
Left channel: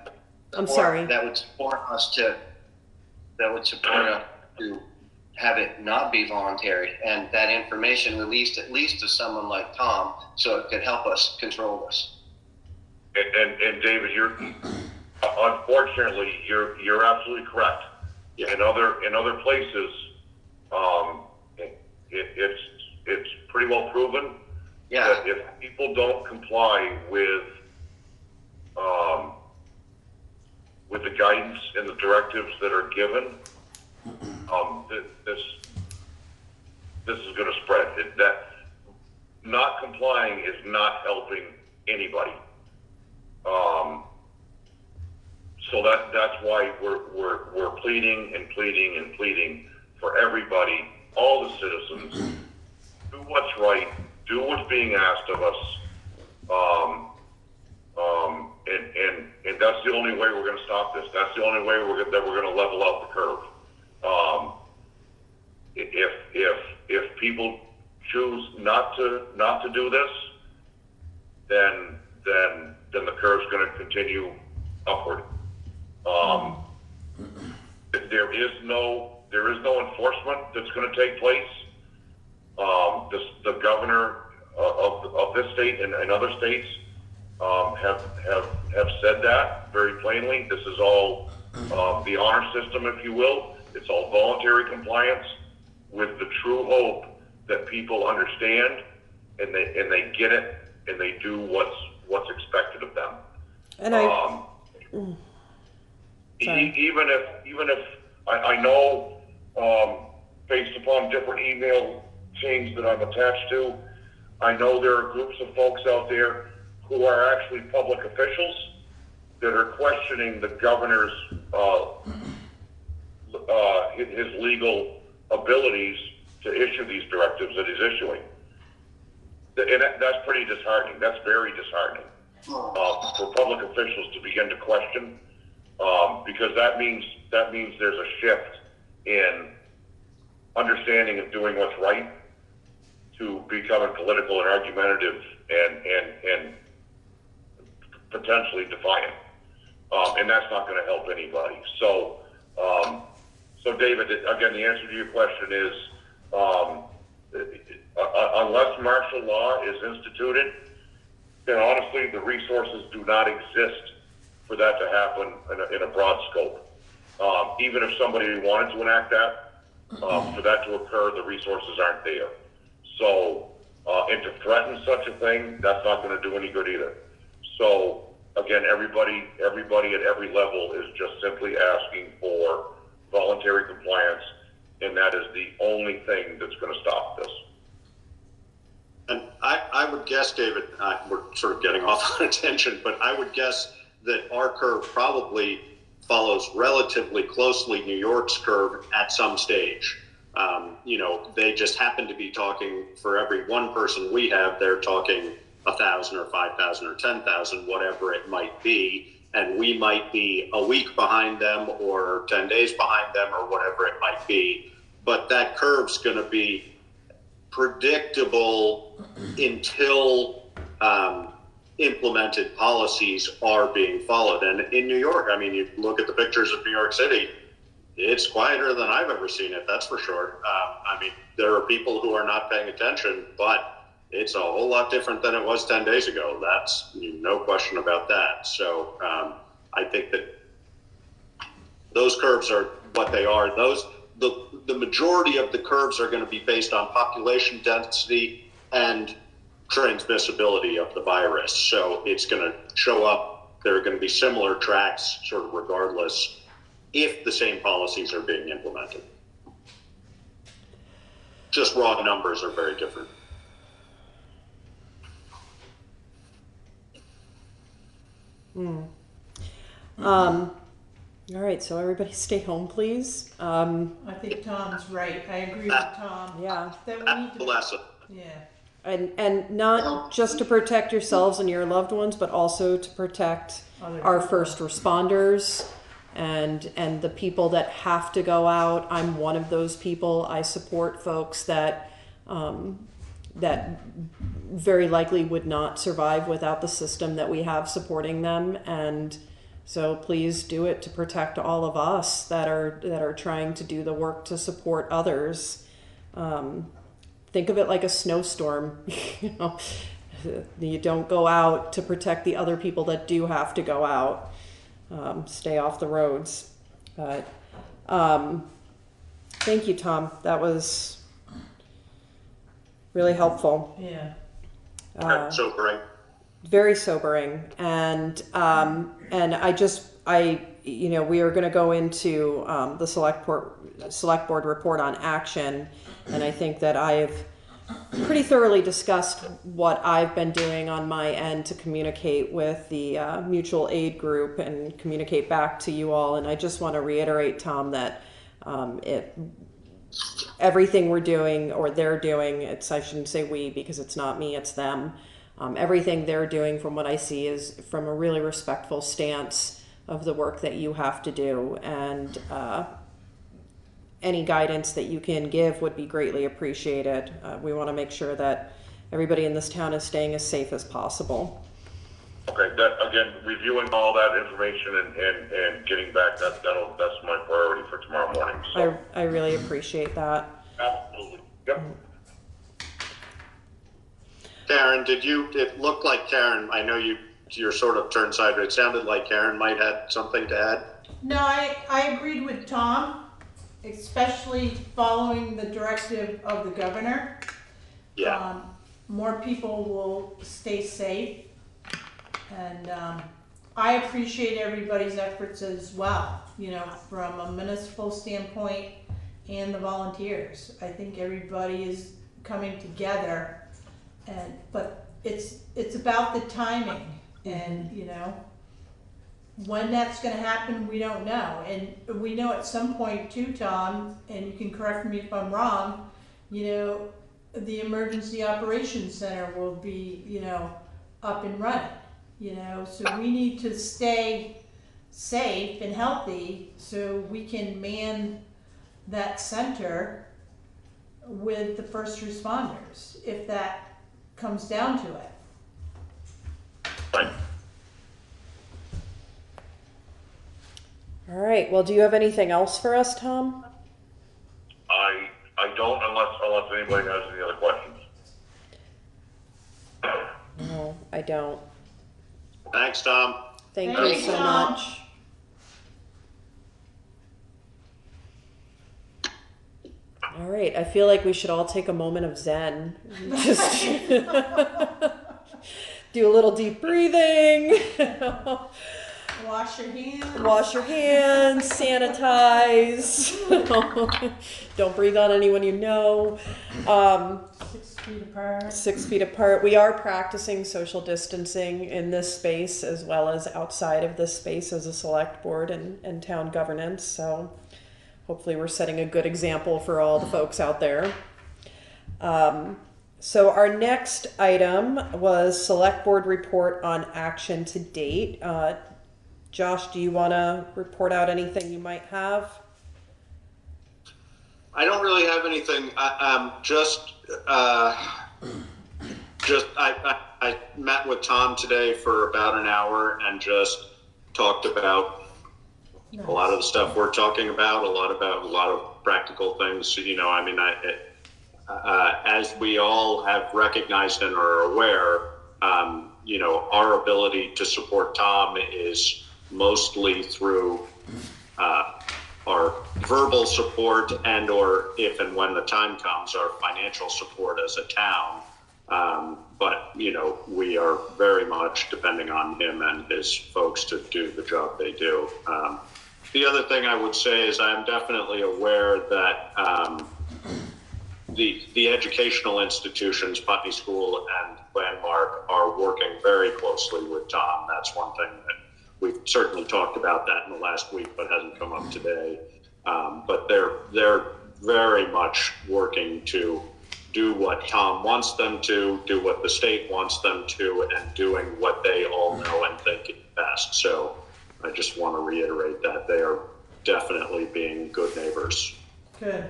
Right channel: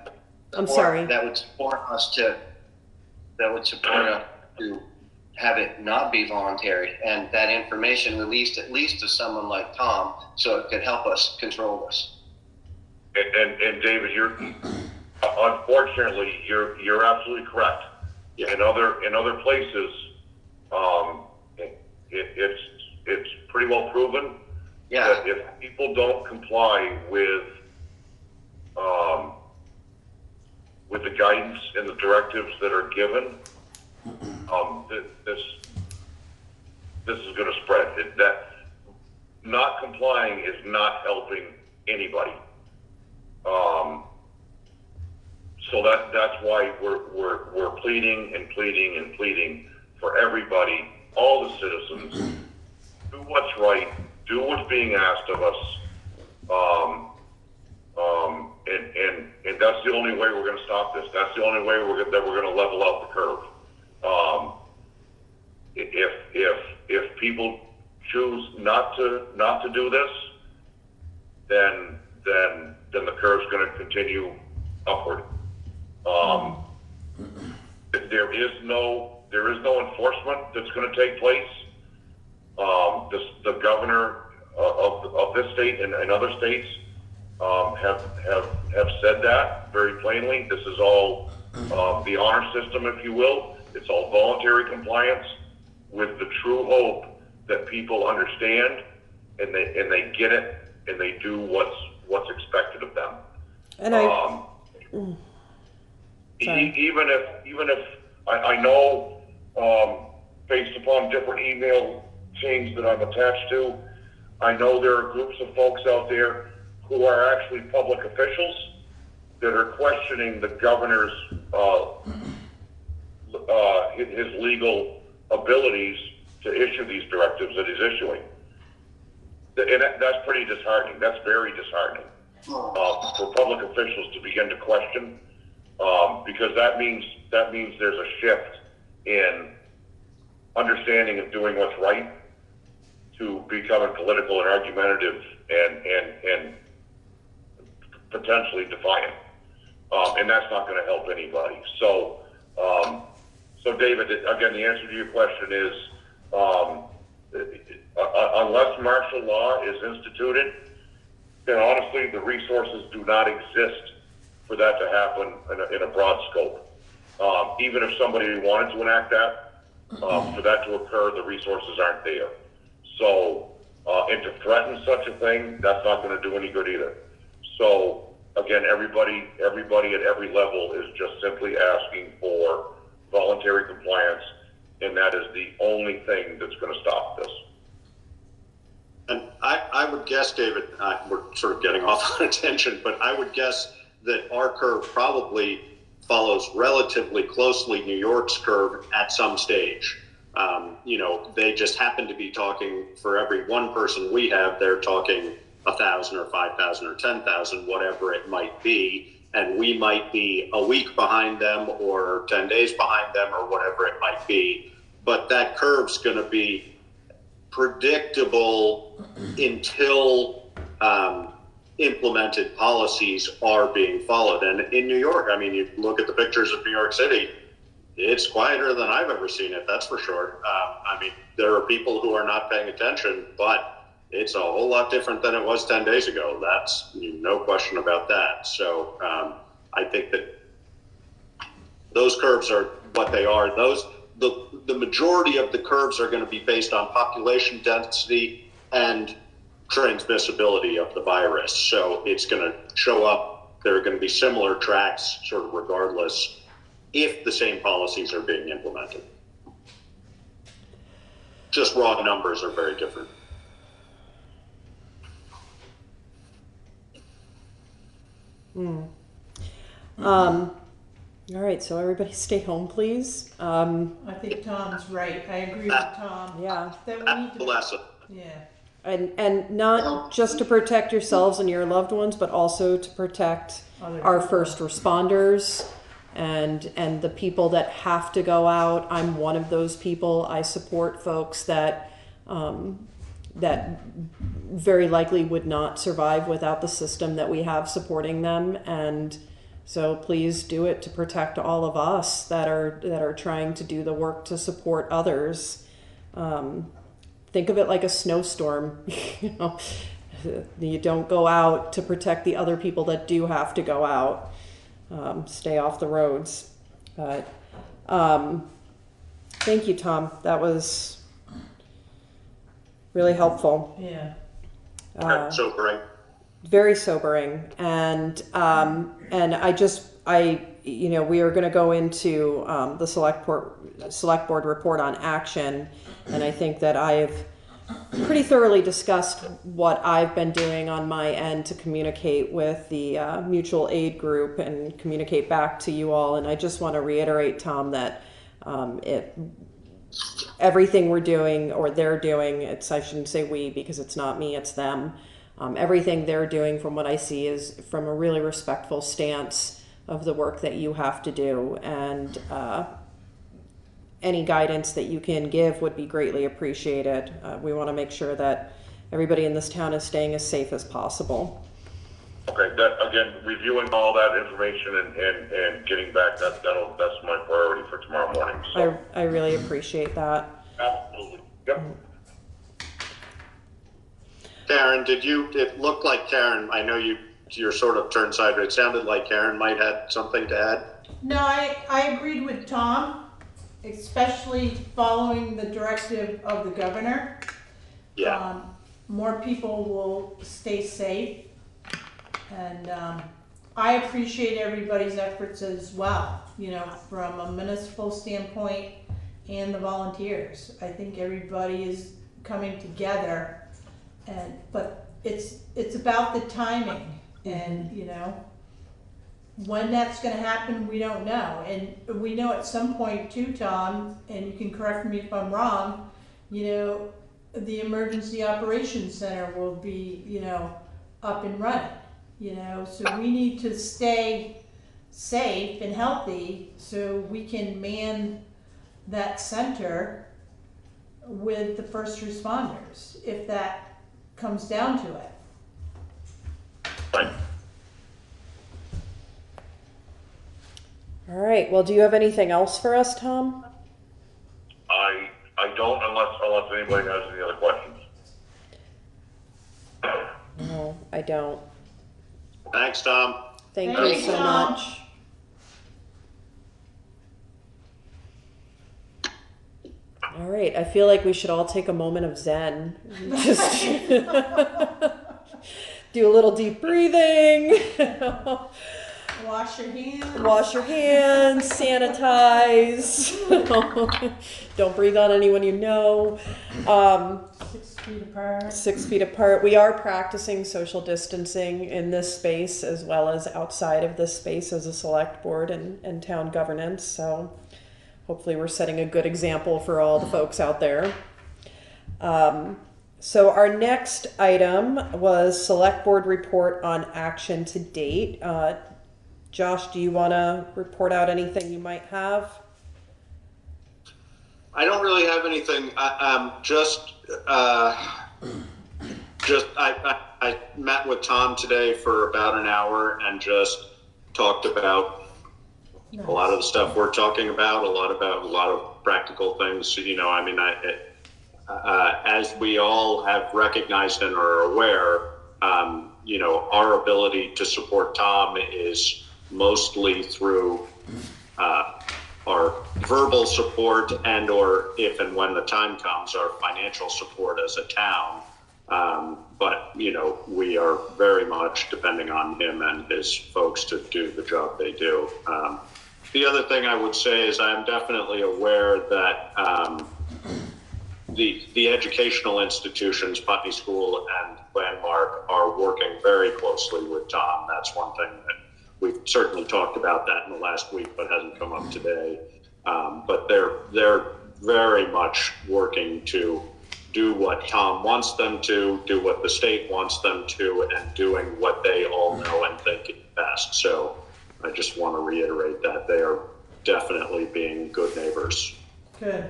I'm sorry. That would support us to have it not be voluntary, and that information released at least to someone like Tom, so it could help us control this. And David, unfortunately, you're absolutely correct. Yeah. In other places, it's pretty well proven that if people don't comply with the guidance and the directives that are given, this is going to spread. That not complying is not helping anybody. So that's why we're pleading and pleading and pleading for everybody, all the citizens, do what's right, do what's being asked of us, and that's the only way we're going to stop this. That's the only way that we're going to level out the curve. If people choose not to do this, then the curve's going to continue upward. There is no enforcement that's going to take place. The governor of this state and other states have said that very plainly. This is all the honor system, if you will. It's all voluntary compliance with the true hope that people understand and they get it and they do what's expected of them. And even if I know, based upon different email chains that I'm attached to, I know there are groups of folks out there who are actually public officials that are questioning the governor's his legal abilities to issue these directives that he's issuing. And that's pretty disheartening. That's very disheartening for public officials to begin to question, because that means there's a shift in understanding of doing what's right to becoming political and argumentative and potentially defiant. And that's not going to help anybody. So David, again, the answer to your question is, unless martial law is instituted, then honestly, the resources do not exist for that to happen in a broad scope. Even if somebody wanted to enact that, for that to occur, the resources aren't there. So, and to threaten such a thing, that's not going to do any good either. So again, everybody at every level is just simply asking for voluntary compliance, and that is the only thing that's going to stop this. And I would guess, David, we're sort of getting off on a tangent, but I would guess that our curve probably follows relatively closely New York's curve at some stage. They just happen to be talking, for every one person we have, they're talking 1,000 or 5,000 or 10,000, whatever it might be. And we might be a week behind them or 10 days behind them or whatever it might be. But that curve's going to be predictable until implemented policies are being followed. And in New York, I mean, you look at the pictures of New York City, it's quieter than I've ever seen it, that's for sure. I mean, there are people who are not paying attention, but it's a whole lot different than it was 10 days ago. That's no question about that. So I think that those curves are what they are. The majority of the curves are going to be based on population density and transmissibility of the virus. So it's going to show up, there are going to be similar tracks sort of regardless if the same policies are being implemented. Just raw numbers are very different. All right, so everybody stay home, please. I think Tom's right. I agree with Tom. Yeah. That we need to, Lesson. yeah. And not just to protect yourselves and your loved ones, but also to protect our first responders and the people that have to go out. I'm one of those people. I support folks that that very likely would not survive without the system that we have supporting them. And so please do it to protect all of us that are trying to do the work to support others. Think of it like a snowstorm. You don't go out to protect the other people that do have to go out. Stay off the roads. But thank you, Tom. That was really helpful. Yeah. Sobering. Very sobering. And we are going to go into the select board report on action. And I think that I've pretty thoroughly discussed what I've been doing on my end to communicate with the mutual aid group and communicate back to you all. And I just want to reiterate, Tom, that everything we're doing or they're doing, I shouldn't say we because it's not me, it's them. Everything they're doing from what I see is from a really respectful stance of the work that you have to do. And any guidance that you can give would be greatly appreciated. We want to make sure that everybody in this town is staying as safe as possible. Okay, that, again, reviewing all that information and getting back, that's my priority for tomorrow morning. So. I really appreciate that. Absolutely. Yep. Karen, it looked like Karen, I know you're sort of turned sideways. It sounded like Karen might have something to add. No, I agreed with Tom, especially following the directive of the governor. Yeah. More people will stay safe. And I appreciate everybody's efforts as well, from a municipal standpoint and the volunteers. I think everybody is coming together, but it's about the timing, and when that's going to happen, we don't know. And we know at some point too, Tom, and you can correct me if I'm wrong, the Emergency Operations Center will be, up and running. So we need to stay safe and healthy so we can man that center with the first responders, if that comes down to it. Right. All right. Well, do you have anything else for us, Tom? I don't, unless anybody has any other questions. No, I don't. Thanks, Tom. Thank you so much. All right, I feel like we should all take a moment of Zen. Just do a little deep breathing. Wash your hands. Wash your hands, sanitize. Don't breathe on anyone you know. 6 feet apart. 6 feet apart. We are practicing social distancing in this space as well as outside of this space as a select board and town governance. So hopefully we're setting a good example for all the folks out there. So our next item was select board report on action to date. Josh, do you want to report out anything you might have? I don't really have anything. I met with Tom today for about an hour and just talked about a lot of the stuff we're talking about, a lot of practical things. You know, I mean, as we all have recognized and are aware, you know, our ability to support Tom is mostly through our verbal support and or if and when the time comes, our financial support as a town. But, you know, we are very much depending on him and his folks to do the job they do. The other thing I would say is I'm definitely aware that the educational institutions, Putney School and Landmark, are working very closely with Tom. That's one thing that we've certainly talked about that in the last week, but hasn't come up today. But they're very much working to do what Tom wants them to, do what the state wants them to, and doing what they all know and think is best. So I just want to reiterate that they are definitely being good neighbors. Good.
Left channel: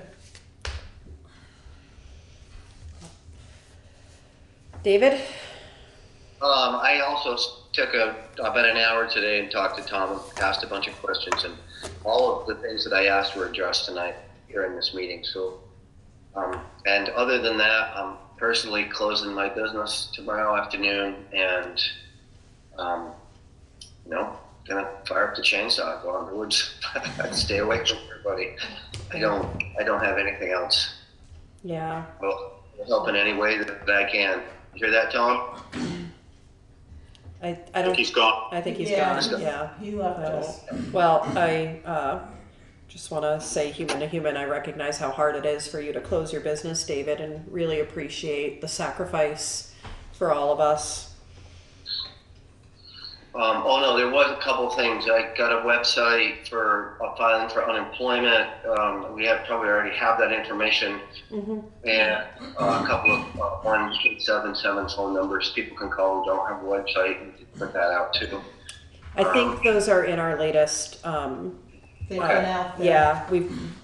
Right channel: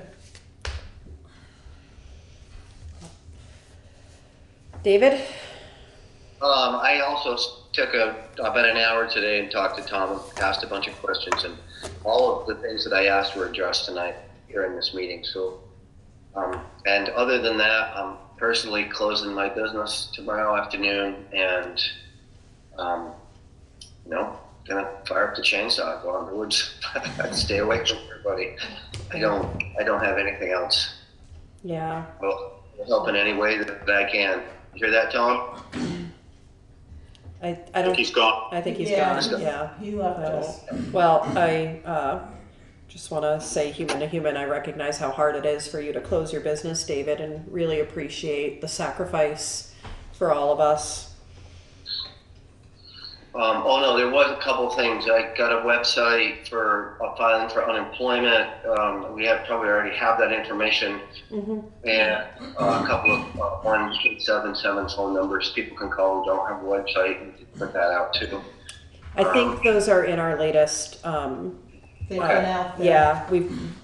David? I also took about an hour today and talked to Tom and asked a bunch of questions, and all of the things that I asked were addressed tonight here in this meeting. So, and other than that, I'm personally closing my business tomorrow afternoon and, you know, gonna fire up the chainsaw, go out in the woods, stay away from everybody. I don't have anything else. Yeah. Well, help in any way that I can. You hear that, Tom? I don't think he's gone. I think he's Yeah, gone. Yeah. He left us. Well, I just want to say, human to human, I recognize how hard it is for you to close your business, David, and really appreciate the sacrifice for all of us. Oh no, there was a couple of things. I got a website for filing for unemployment. We probably already have that information, and a couple of 1877 phone numbers people can call who don't have a website and put that out too. I think those are in our latest. They've been out there. Yeah,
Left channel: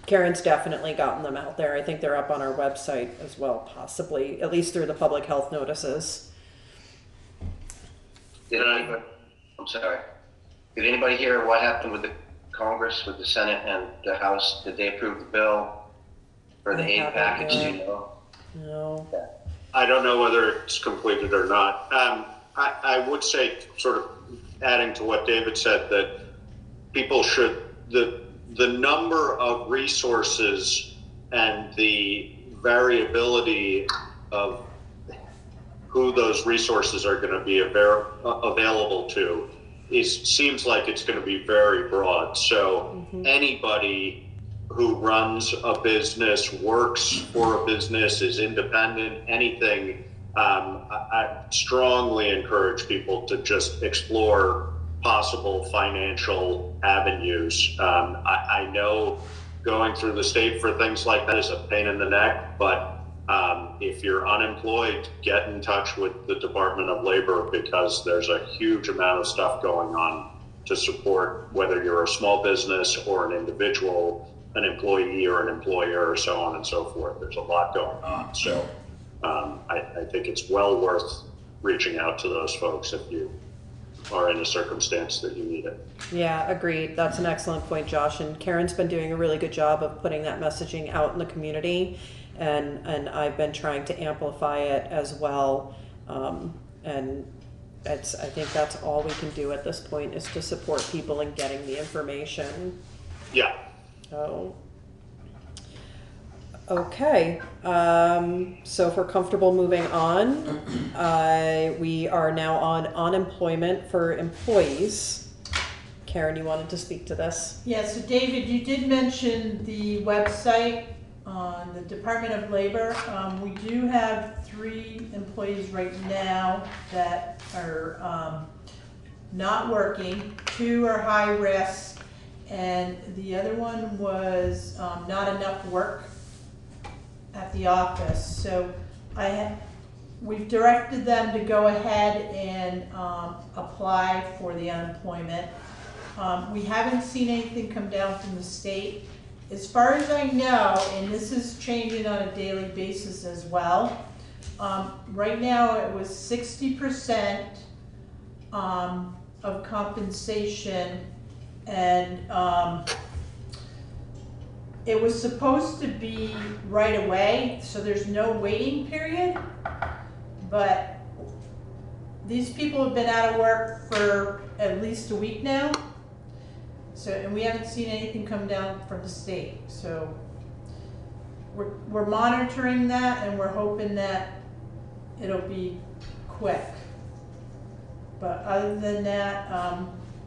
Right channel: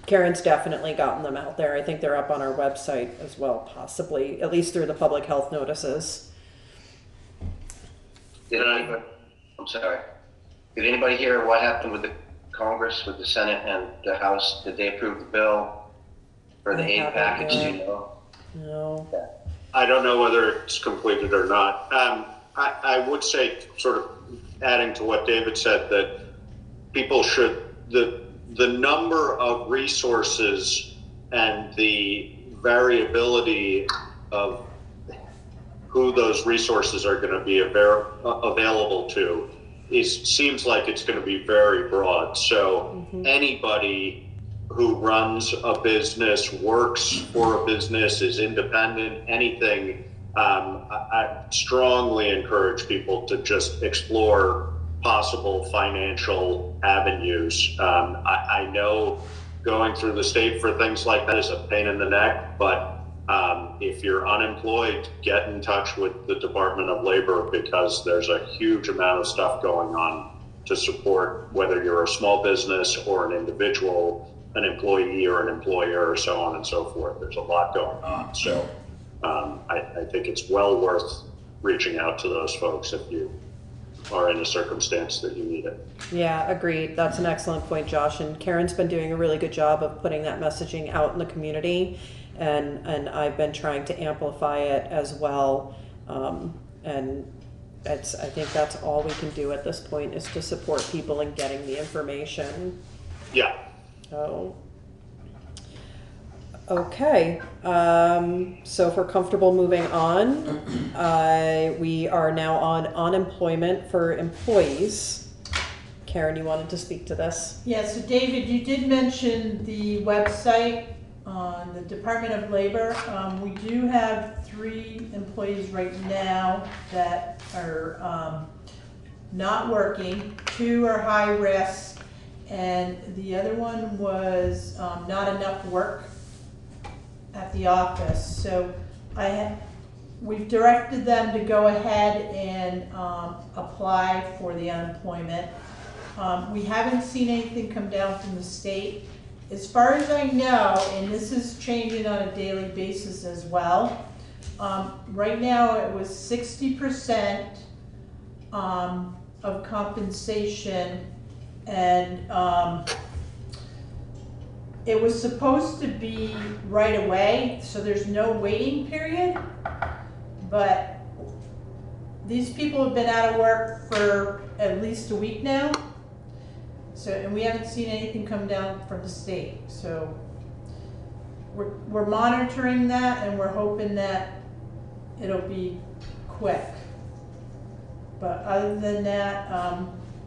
Karen's definitely gotten them out there. I think they're up on our website as well, possibly, at least through the public health notices. I'm sorry. Did anybody hear what happened with the Congress, with the Senate and the House? Did they approve the bill for the aid package? Do you know? No. I don't know whether it's completed or not. I would say, sort of adding to what David said, that people should, the number of resources and the variability of who those resources are going to be available to seems like it's going to be very broad. So anybody who runs a business, works for a business, is independent, anything, I strongly encourage people to just explore possible financial avenues. I know going through the state for things like that is a pain in the neck, but if you're unemployed, get in touch with the Department of Labor, because there's a huge amount of stuff going on to support whether you're a small business or an individual, an employee or an employer, or so on and so forth. There's a lot going on. So I think it's well worth reaching out to those folks if you are in a circumstance that you need it. Yeah, agreed. That's an excellent point, Josh. And Karen's been doing a really good job of putting that messaging out in the community. And I've been trying to amplify it as well. And I think that's all we can do at this point, is to support people in getting the information. Yeah. So, Okay, so if we're comfortable moving on, we are now on unemployment for employees. Karen, you wanted to speak to this? Yeah, so David, you did mention the website on the Department of Labor. We do have 3 employees right now that are not working. 2 are high risk, and the other one was not enough work at the office. So we've directed them to go ahead and apply for the unemployment. We haven't seen anything come down from the state. As far as I know, and this is changing on a daily basis as well, right now it was 60% of compensation, and it was supposed to be right away, so there's no waiting period, but these people have been out of work for at least a week now. So, and we haven't seen anything come down from the state. So we're monitoring that, and we're hoping that it'll be quick. But other than that,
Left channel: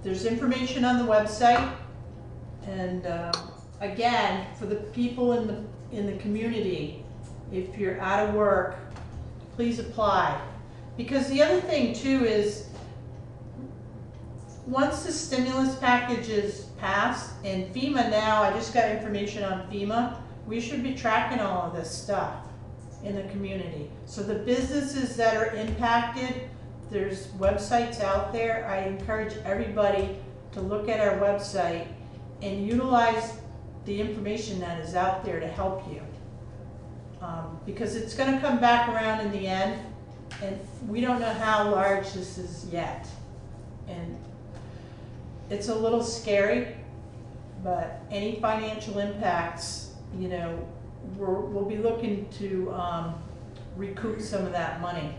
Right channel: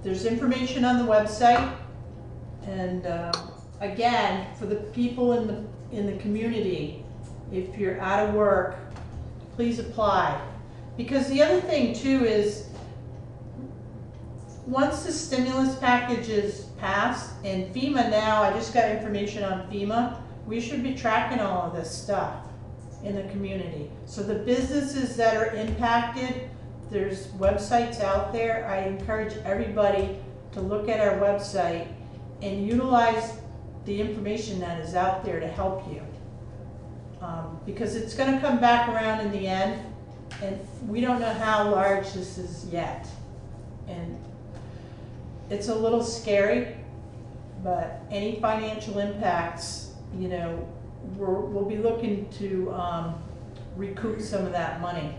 there's information on the website, and again, for the people in the community, if you're out of work, please apply. Because the other thing too is, once the stimulus package is passed, and FEMA now, I just got information on FEMA, we should be tracking all of this stuff in the community. So the businesses that are impacted, there's websites out there. I encourage everybody to look at our website and utilize the information that is out there to help you. Because it's gonna come back around in the end, and we don't know how large this is yet. And it's a little scary, but any financial impacts, you know, we'll be looking to recoup some of that money.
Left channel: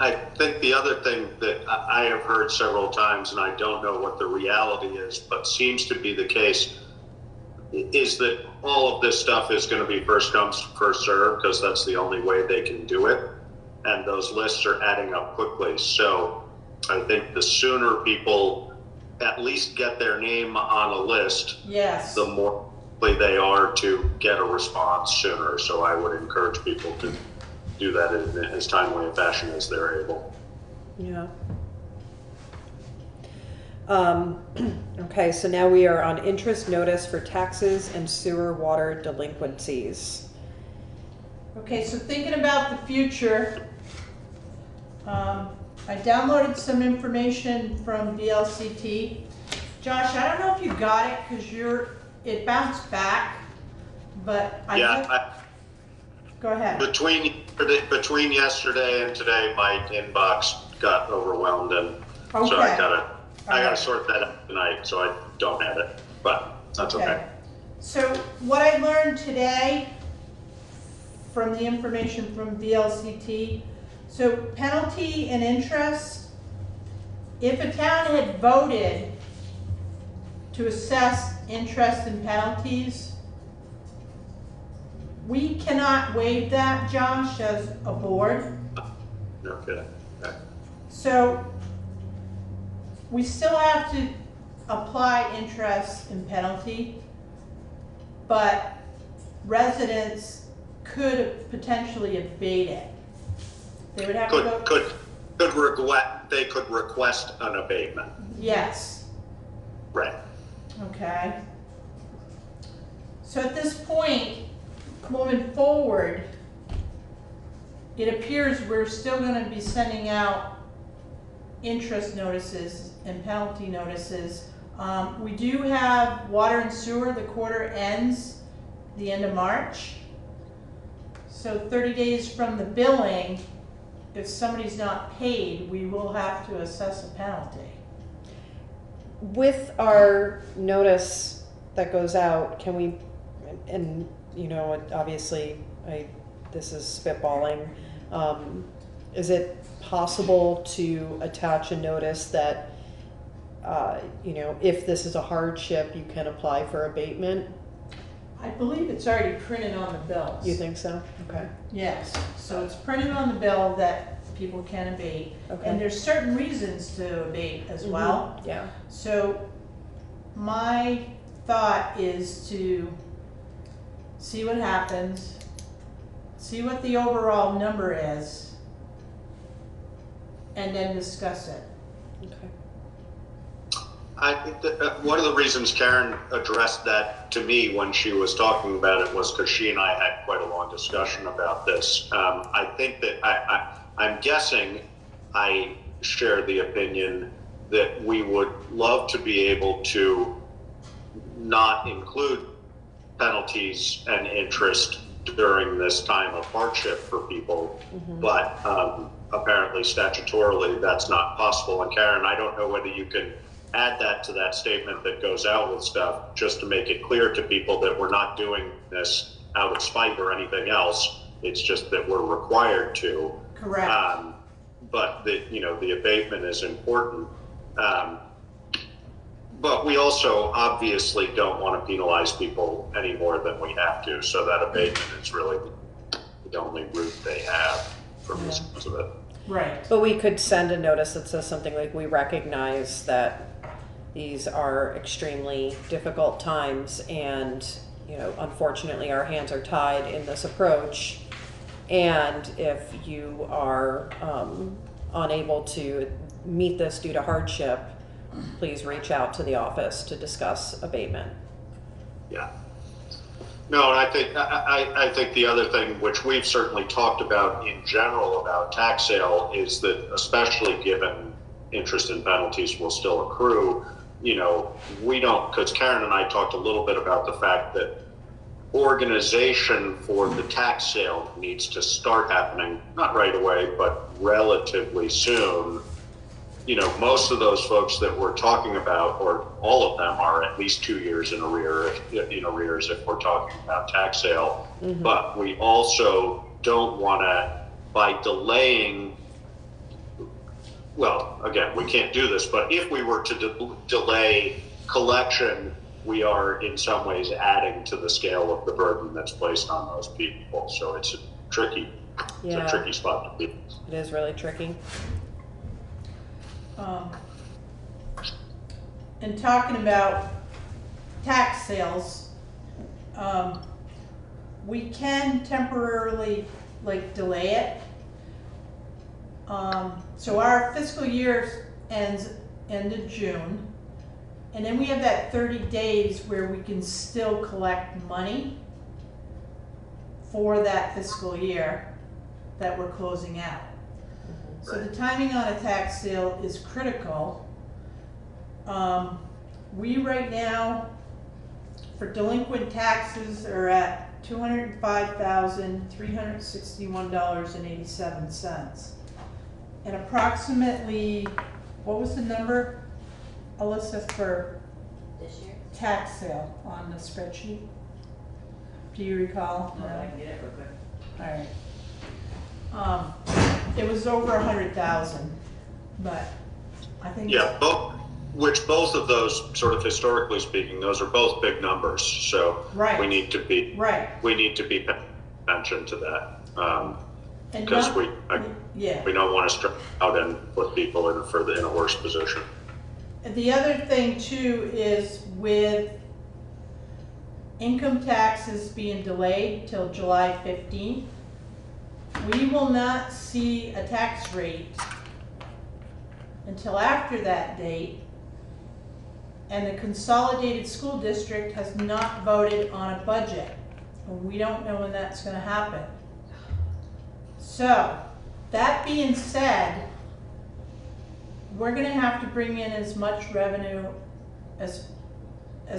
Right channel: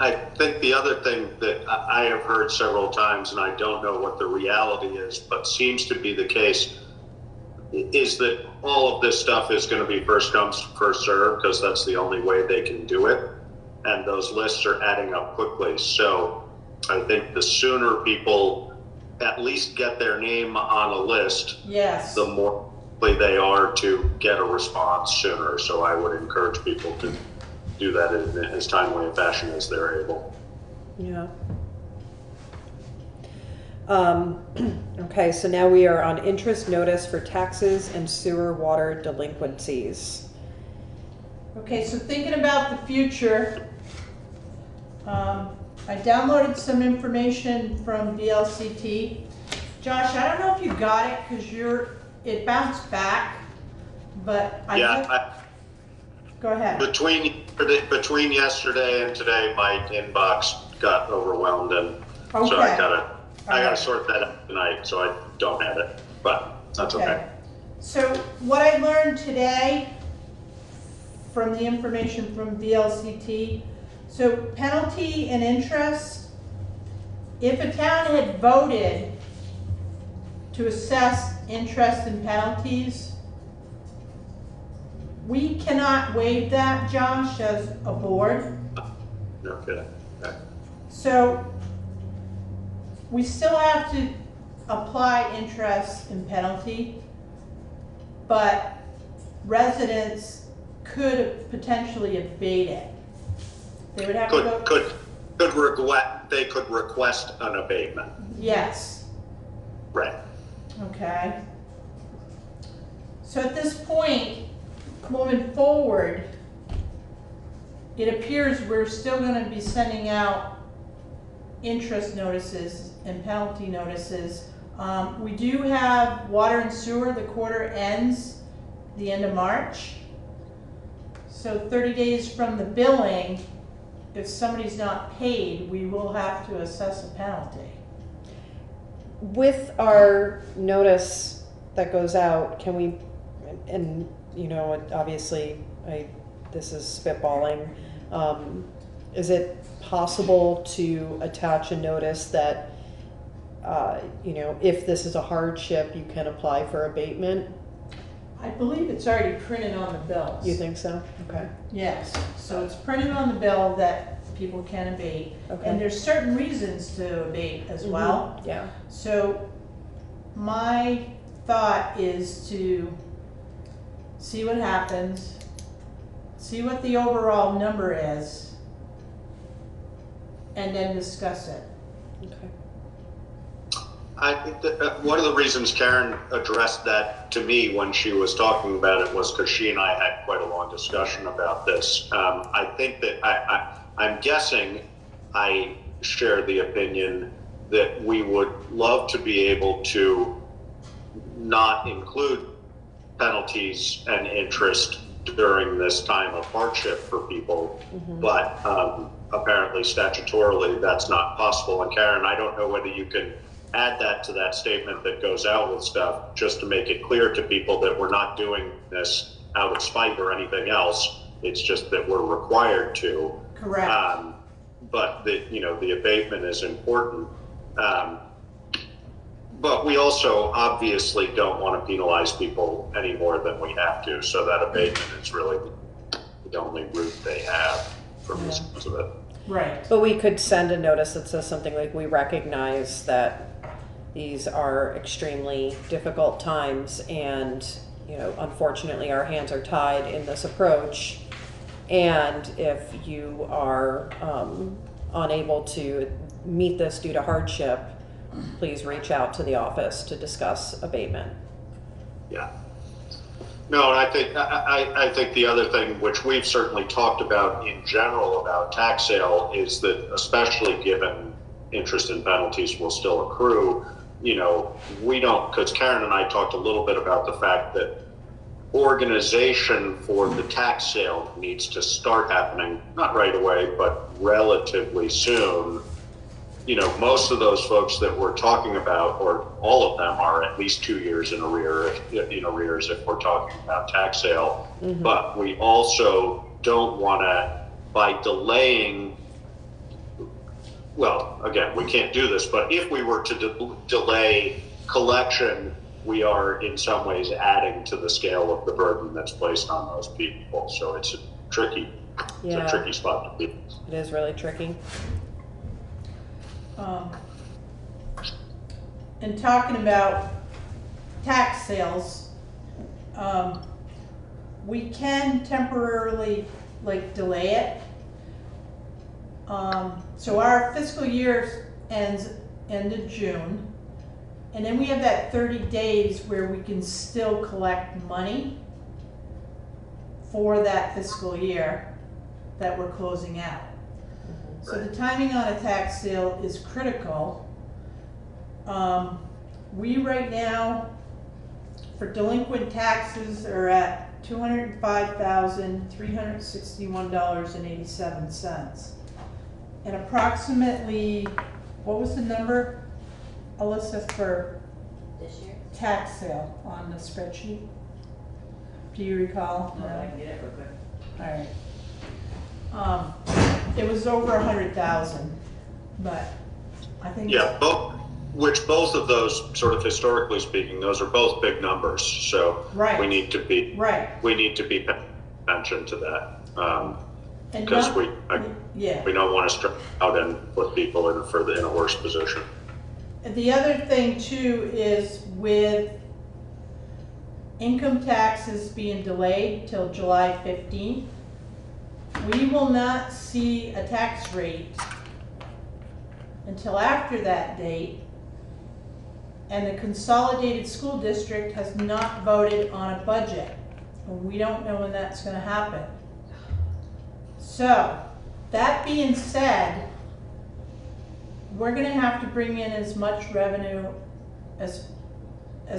I think the other thing that I have heard several times, and I don't know what the reality is, but seems to be the case, is that all of this stuff is going to be first come, first served, because that's the only way they can do it. And those lists are adding up quickly. So I think the sooner people at least get their name on a list, yes, the more likely they are to get a response sooner. So I would encourage people to do that in as timely a fashion as they're able. Yeah. Okay, so now we are on interest notice for taxes and sewer water delinquencies. Okay, so thinking about the future, I downloaded some information from VLCT. Josh, I don't know if you got it because it bounced back, but go ahead. Between yesterday and today, my inbox got overwhelmed, and so I gotta sort that out tonight. So I don't have it, but that's okay. So what I learned today from the information from VLCT. So penalty and interest, if a town had voted to assess interest and penalties, we cannot waive that, Josh, as a board. Okay. So we still have to apply interest and penalty, but residents could potentially abate it. They would have to go. They could request an abatement. Yes. Right. Okay. So at this point, moving forward, it appears we're still going to be sending out interest notices and penalty notices. We do have water and sewer. The quarter ends the end of March. So 30 days from the billing, if somebody's not paid, we will have to assess a penalty. With our notice that goes out, can we, and you know, obviously, this is spitballing, is it possible to attach a notice that, you know, if this is a hardship, you can apply for abatement? I believe it's already printed on the bills. You think so? Okay. Yes, so it's printed on the bill that people can abate, Okay. and there's certain reasons to abate as well. Yeah. So my thought is to see what happens, see what the overall number is, and then discuss it. Okay. I think that one of the reasons Karen addressed that to me when she was talking about it was because she and I had quite a long discussion about this. I think that I'm guessing I share the opinion that we would love to be able to not include penalties and interest during this time of hardship for people, but apparently statutorily that's not possible. And Karen, I don't know whether you can add that to that statement that goes out with stuff, just to make it clear to people that we're not doing this out of spite or anything else. It's just that we're required to. Correct. But the abatement is important. But we also obviously don't want to penalize people any more than we have to. So that abatement is really the only route they have from the sense of it. Right. But we could send a notice that says something like, we recognize that these are extremely difficult times and, unfortunately our hands are tied in this approach. And if you are unable to meet this due to hardship, please reach out to the office to discuss abatement. Yeah. No, and I think the other thing, which we've certainly talked about in general about tax sale, is that especially given interest and penalties will still accrue, we don't, because Karen and I talked a little bit about the fact that organization for the tax sale needs to start happening, not right away, but relatively soon. Most of those folks that we're talking about, or all of them, are at least 2 years in arrears if we're talking about tax sale. But we also don't want to, by delaying, well, again, we can't do this, but if we were to delay collection, we are in some ways adding to the scale of the burden that's placed on those people. So it's a tricky spot to be. It is really tricky. And talking about tax sales, we can temporarily delay it. So our fiscal year ends end of June, and then we have that 30 days where we can still collect money for that fiscal year that we're closing out. So the timing on a tax sale is critical. We right now, for delinquent taxes, are at $205,361.87. And approximately, what was the number, Alyssa, for This year? tax sale on the spreadsheet? Do you recall? No, I can get it real quick. All right. It was over 100,000, but I think. Yeah, both of those, sort of historically speaking, those are both big numbers. So Right. we need to be Right. paying attention to that And because not- we Yeah. don't want to stress out and put people in a worse position. The other thing too is with income taxes being delayed till July 15th, we will not see a tax rate until after that date. And the consolidated school district has not voted on a budget. And we don't know when that's gonna happen. So, that being said, we're gonna have to bring in as much revenue as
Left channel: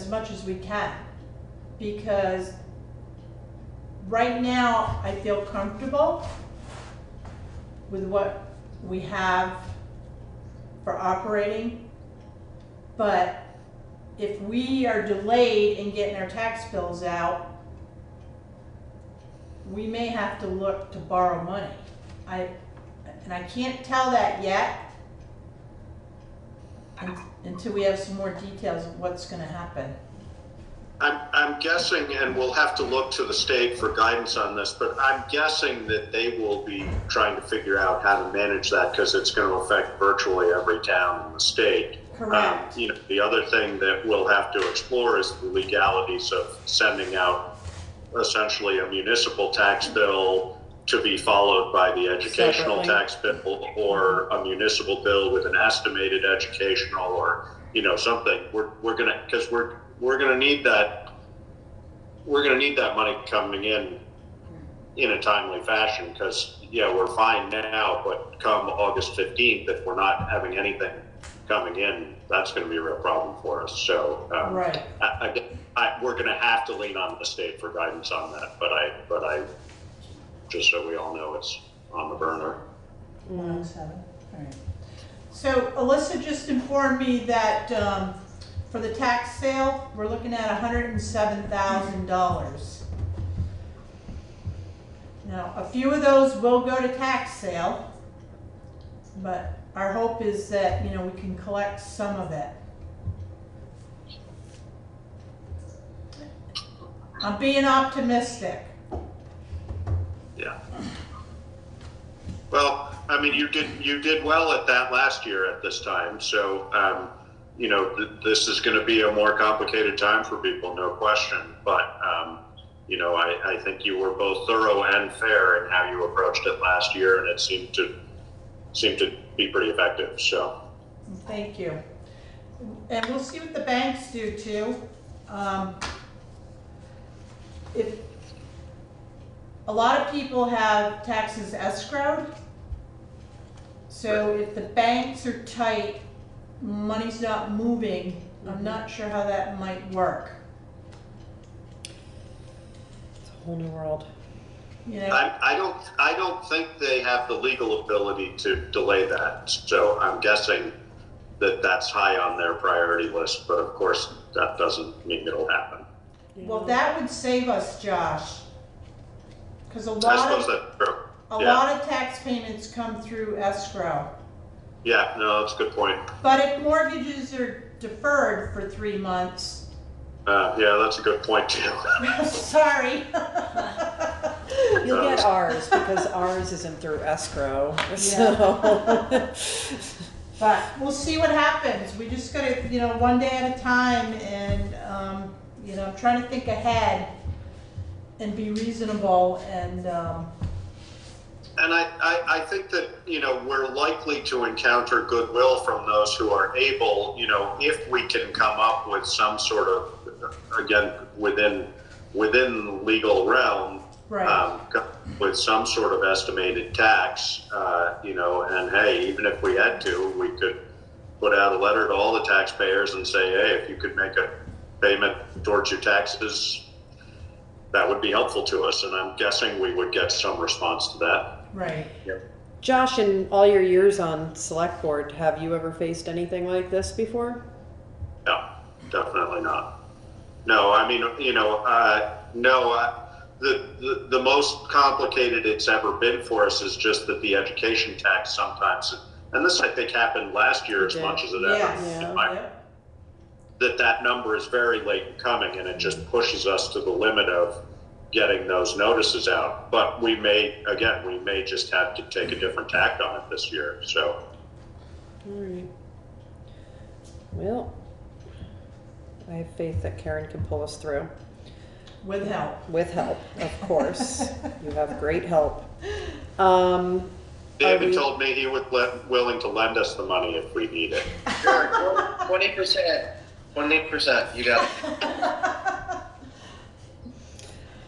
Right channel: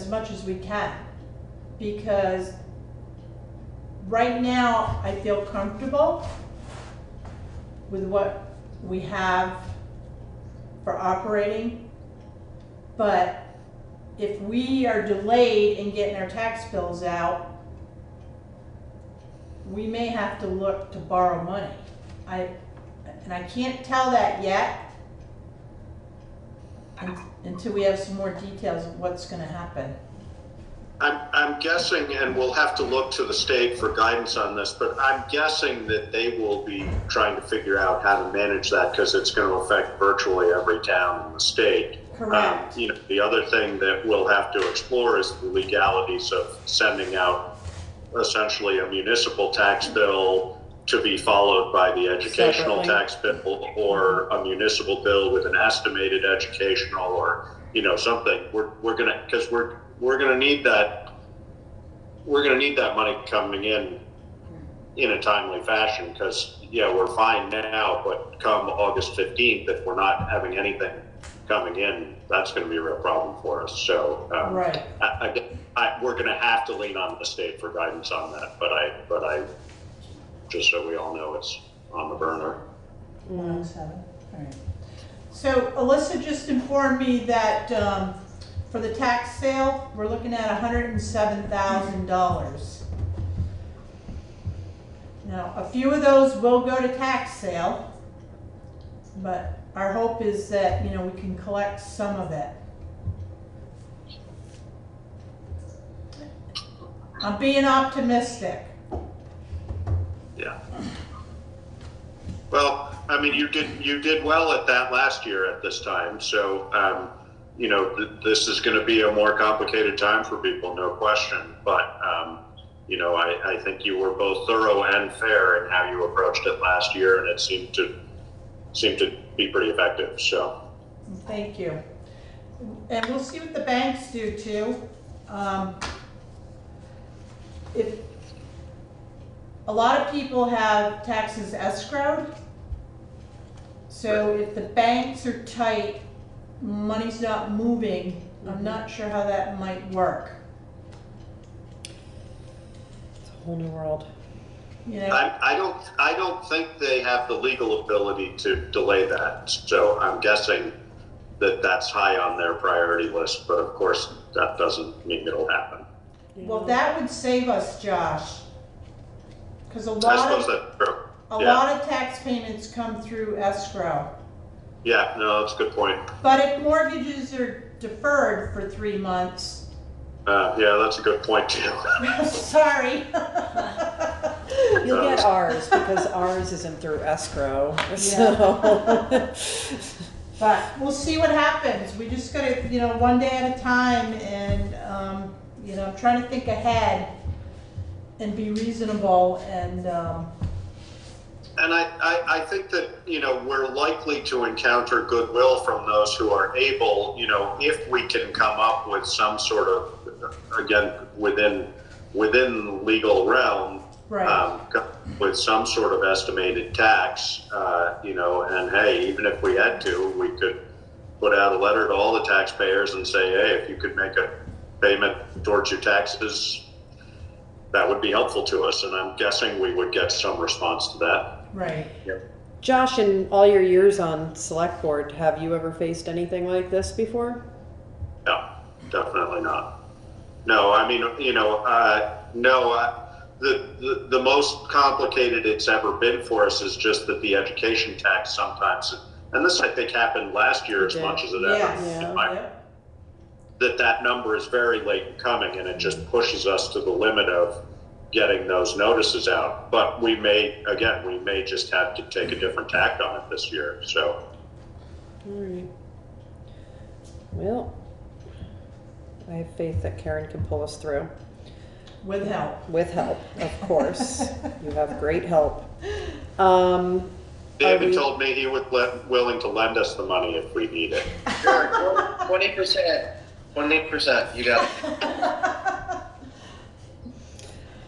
much as we can. Because right now, I feel comfortable with what we have for operating. But if we are delayed in getting our tax bills out, we may have to look to borrow money. I can't tell that yet until we have some more details of what's gonna happen. I'm I'm guessing, and we'll have to look to the state for guidance on this, but I'm guessing that they will be trying to figure out how to manage that because it's going to affect virtually every town in the state. Correct. The other thing that we'll have to explore is the legalities of sending out essentially a municipal tax bill to be followed by the educational Separately. tax bill, or a municipal bill with an estimated educational, or something. We're gonna, because we're gonna need that. We're gonna need that money coming in a timely fashion, because we're fine now, but come August 15th, if we're not having anything coming in, that's going to be a real problem for us. So Right. we're going to have to lean on the state for guidance on that. But I just so we all know, it's on the burner. 107. All right. So Alyssa just informed me that for the tax sale, we're looking at $107,000. Now, a few of those will go to tax sale, but our hope is that, we can collect some of it. I'm being optimistic. Yeah. Well, I mean, you did well at that last year at this time. So, this is going to be a more complicated time for people, no question. But, I think you were both thorough and fair in how you approached it last year, and it seemed to be pretty effective. So. Thank you. And we'll see what the banks do too. If a lot of people have taxes escrowed, so if the banks are tight, money's not moving, I'm not sure how that might work. It's a whole new world. I don't think they have the legal ability to delay that. So I'm guessing that that's high on their priority list. But of course, that doesn't mean it'll happen. Well, that would save us, Josh, because a I lot suppose of that's true. lot of tax payments come through escrow. Yeah, no, that's a good point. But if mortgages are deferred for 3 months, yeah, that's a good point too. sorry. You'll get ours because ours isn't through escrow. So. But we'll see what happens. We just gotta, one day at a time, and I'm trying to think ahead and be reasonable, and I think that, we're likely to encounter goodwill from those who are able, if we can come up with some sort of, again, within legal realm, right. With some sort of estimated tax, and hey, even if we had to, we could put out a letter to all the taxpayers and say, hey, if you could make a payment towards your taxes, that would be helpful to us. And I'm guessing we would get some response to that. Right. Yep. Josh, in all your years on select board, have you ever faced anything like this before? No, definitely not. No, I mean, the most complicated it's ever been for us is just that the education tax sometimes, and this I think happened last year as much as it ever. That number is very late in coming, and it just pushes us to the limit of getting those notices out. But we may just have to take a different tack on it this year. So. All right. Well, I have faith that Karen can pull us through. With help. With help, of course. You have great help. David told me he would willing to lend us the money if we need it. Sure, 20%. 20%. You got it.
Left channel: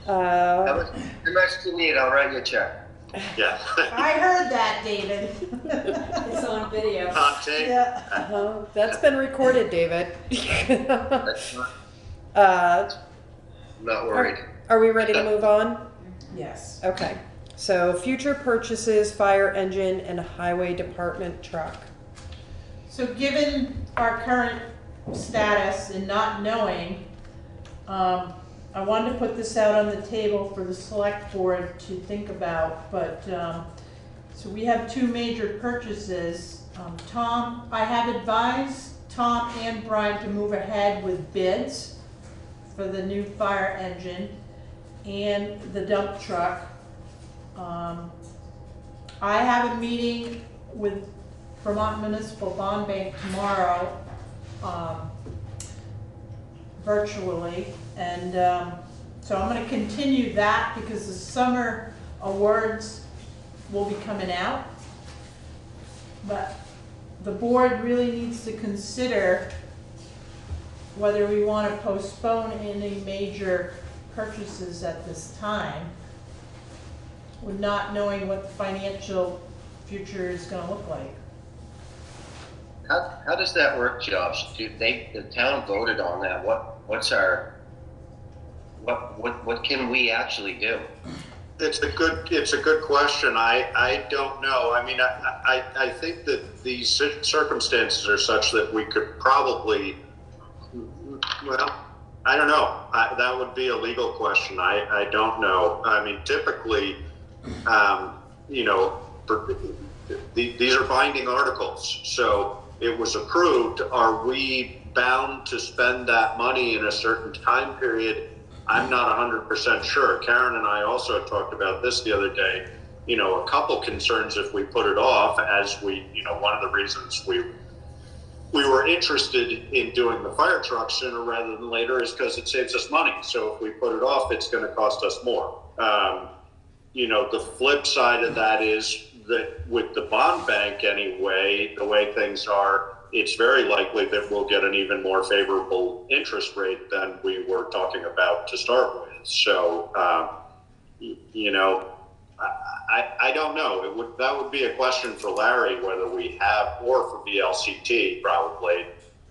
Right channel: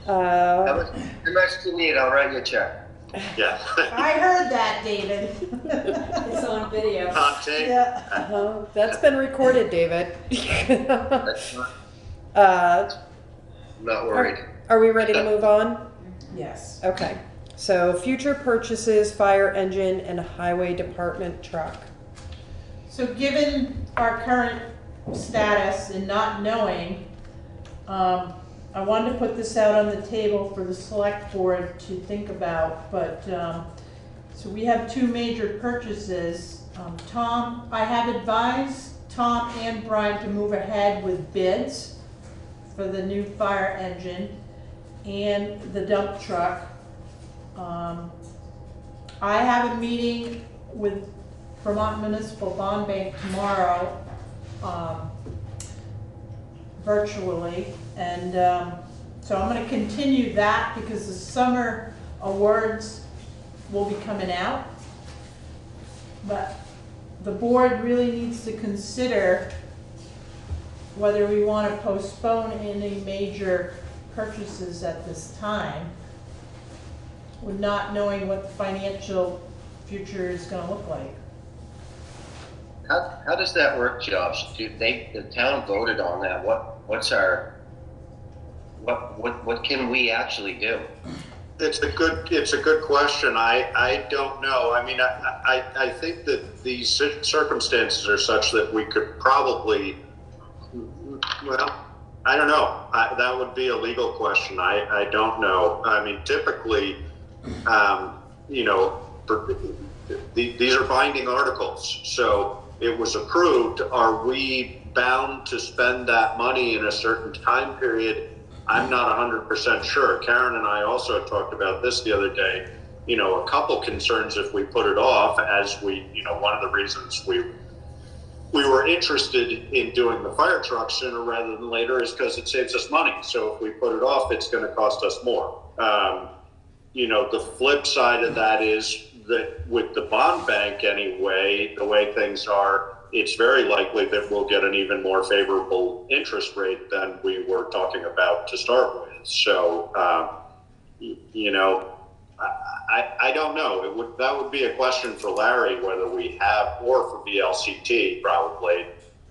How much do you need? I'll write you a check. Yeah. I heard that, David. It's on video. Hot take. Yeah. That's been recorded, David. Not worried. Are we ready to move on? Yes. Okay. So future purchases, fire engine and highway department truck. So given our current status and not knowing, I wanted to put this out on the table for the select board to think about, but, so we have 2 major purchases. I have advised Tom and Brian to move ahead with bids for the new fire engine and the dump truck. I have a meeting with Vermont Municipal Bond Bank tomorrow, virtually, and so I'm going to continue that because the summer awards will be coming out. But the board really needs to consider whether we want to postpone any major purchases at this time, with not knowing what the financial future is going to look like. How does that work, Josh? The town voted on that. What can we actually do? It's a good question. I don't know. I mean, I think that these circumstances are such that we could probably, well, I don't know. That would be a legal question. I don't know. I mean, typically, you know, these are binding articles. So it was approved. Are we bound to spend that money in a certain time period? I'm not 100% sure. Karen and I also talked about this the other day. You know, a couple concerns if we put it off, as we, you know, one of the reasons we were interested in doing the fire truck sooner rather than later is because it saves us money. So if we put it off, it's going to cost us more. You know, the flip side of that is that with the bond bank anyway, the way things are, it's very likely that we'll get an even more favorable interest rate than we were talking about to start with. So, you know, I don't know. That would be a question for Larry, whether we have, or for VLCT probably,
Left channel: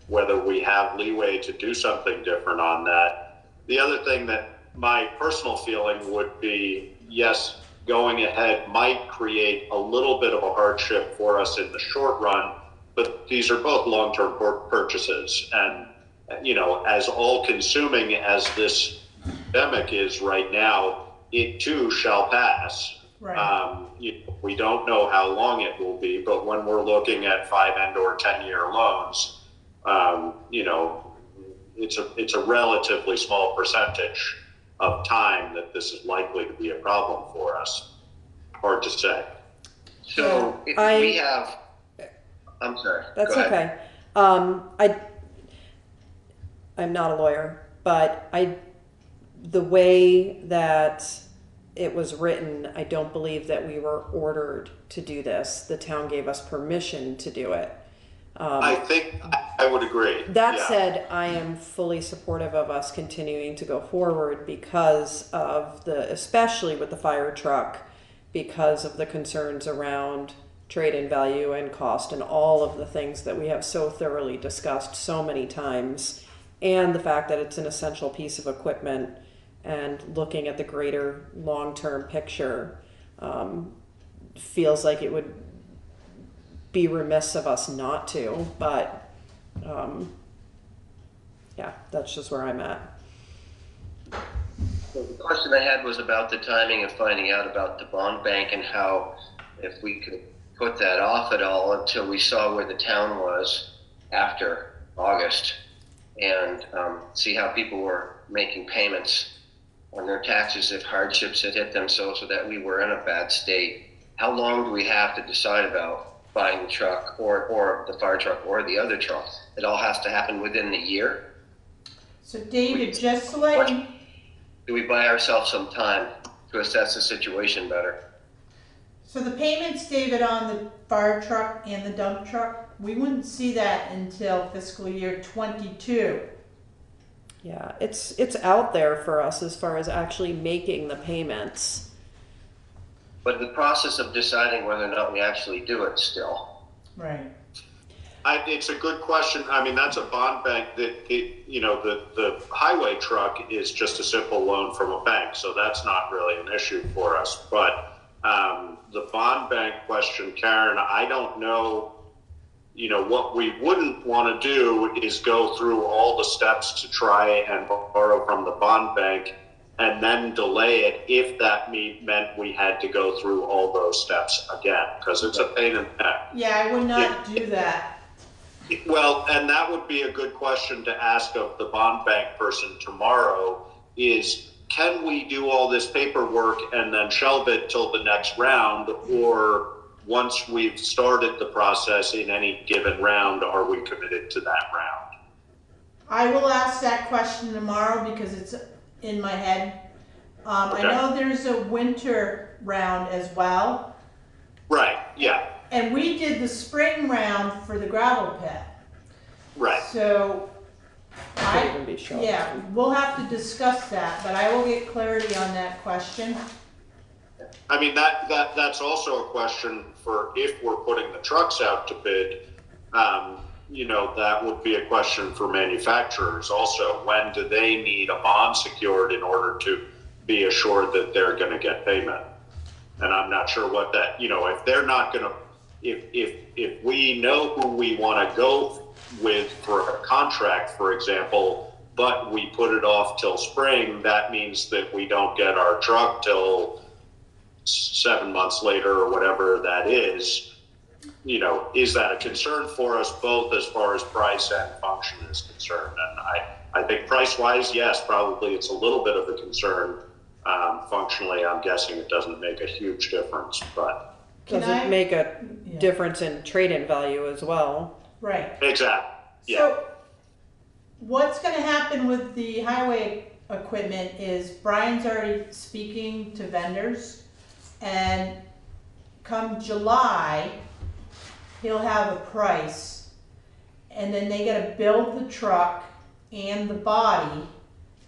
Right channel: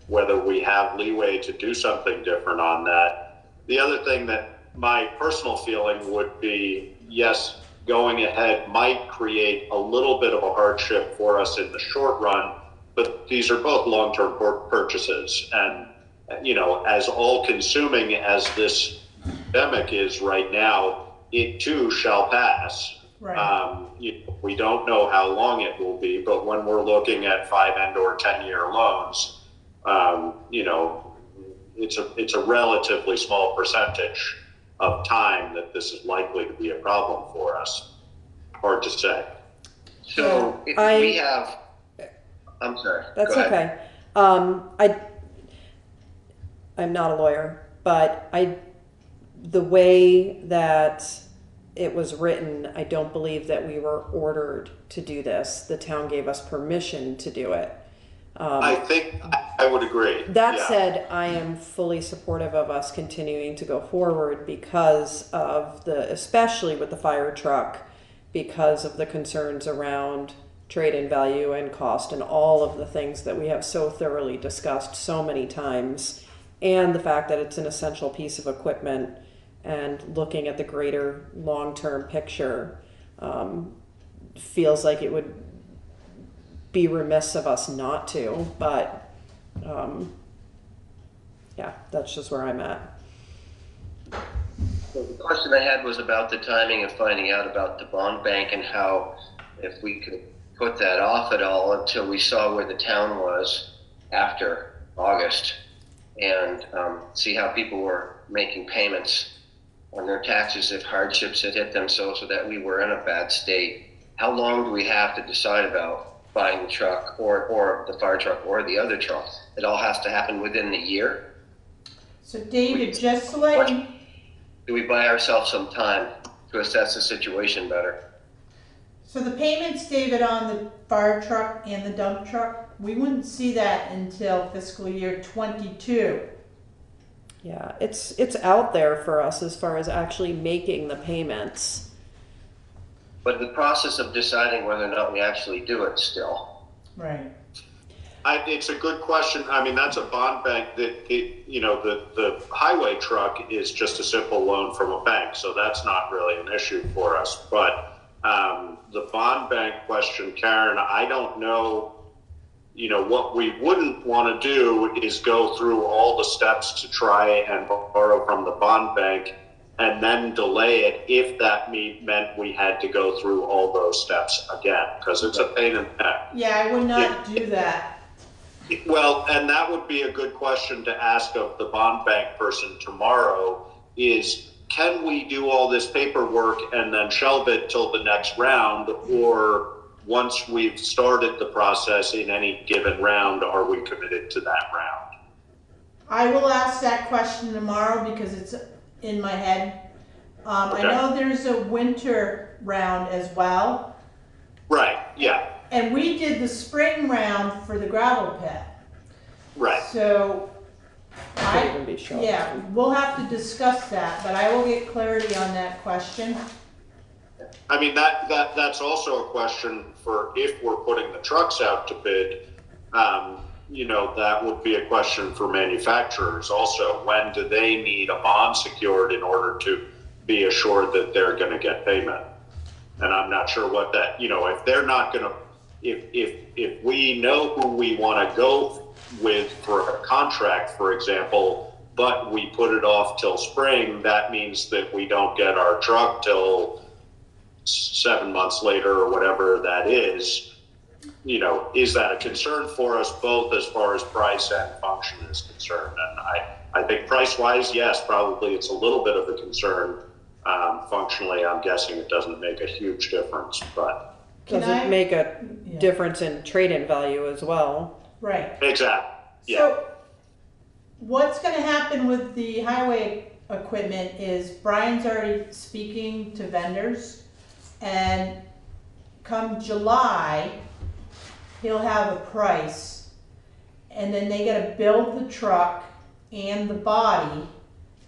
whether we have leeway to do something different on that. The other thing that my personal feeling would be, yes, going ahead might create a little bit of a hardship for us in the short run, but these are both long-term purchases. And, you know, as all-consuming as this pandemic is right now, it too shall pass. Right. We don't know how long it will be, but when we're looking at 5 and or 10-year loans, you know, it's a relatively small percentage of time that this is likely to be a problem for us. Hard to say. So if we have, I'm sorry. That's go ahead. okay. I'm not a lawyer, but the way that it was written, I don't believe that we were ordered to do this. The town gave us permission to do it. I think I would agree. That said, I am fully supportive of us continuing to go forward because of especially with the fire truck, because of the concerns around trade-in value and cost and all of the things that we have so thoroughly discussed so many times, and the fact that it's an essential piece of equipment, and looking at the greater long-term picture, feels like it would be remiss of us not to, but yeah, that's just where I'm at. So the question I had was about the timing of finding out about the bond bank and how, if we could put that off at all until we saw where the town was after August, and see how people were making payments on their taxes if hardships had hit them, so that we were in a bad state. How long do we have to decide about buying the truck or the fire truck or the other truck? It all has to happen within the year? So David, just to let you... Do we buy ourselves some time to assess the situation better? So the payments, David, on the fire truck and the dump truck, we wouldn't see that until fiscal year 22. Yeah, it's out there for us as far as actually making the payments. But the process of deciding whether or not we actually do it still. Right. It's a good question. I mean, that's a bond bank you know, the highway truck is just a simple loan from a bank, so that's not really an issue for us. But the bond bank question, Karen, I don't know. You know, what we wouldn't want to do is go through all the steps to try and borrow from the bond bank and then delay it if that meant we had to go through all those steps again, because it's a pain in the neck. Yeah, I would not do that. Well, and that would be a good question to ask of the bond bank person tomorrow is, can we do all this paperwork and then shelve it till the next round, or once we've started the process in any given round, are we committed to that round? I will ask that question tomorrow because it's in my head. I know there's a winter round as well. Right, yeah. And we did the spring round for the gravel pit. Right. So, Could even be shelved. yeah, we'll have to discuss that, but I will get clarity on that question. I mean, that's also a question for if we're putting the trucks out to bid. You know, that would be a question for manufacturers also. When do they need a bond secured in order to be assured that they're going to get payment? And I'm not sure what that, you know, if they're not going to, if we know who we want to go with for a contract, for example, but we put it off till spring, that means that we don't get our truck till 7 months later or whatever that is. You know, is that a concern for us both as far as price and function is concerned? And I think price-wise, yes, probably it's a little bit of a concern. Functionally, I'm guessing it doesn't make a huge difference, but. Does it make a difference in trade-in value as well? Right. Exactly. Yeah. So, what's gonna happen with the highway equipment is Brian's already speaking to vendors, and come July, he'll have a price, and then they gotta build the truck and the body,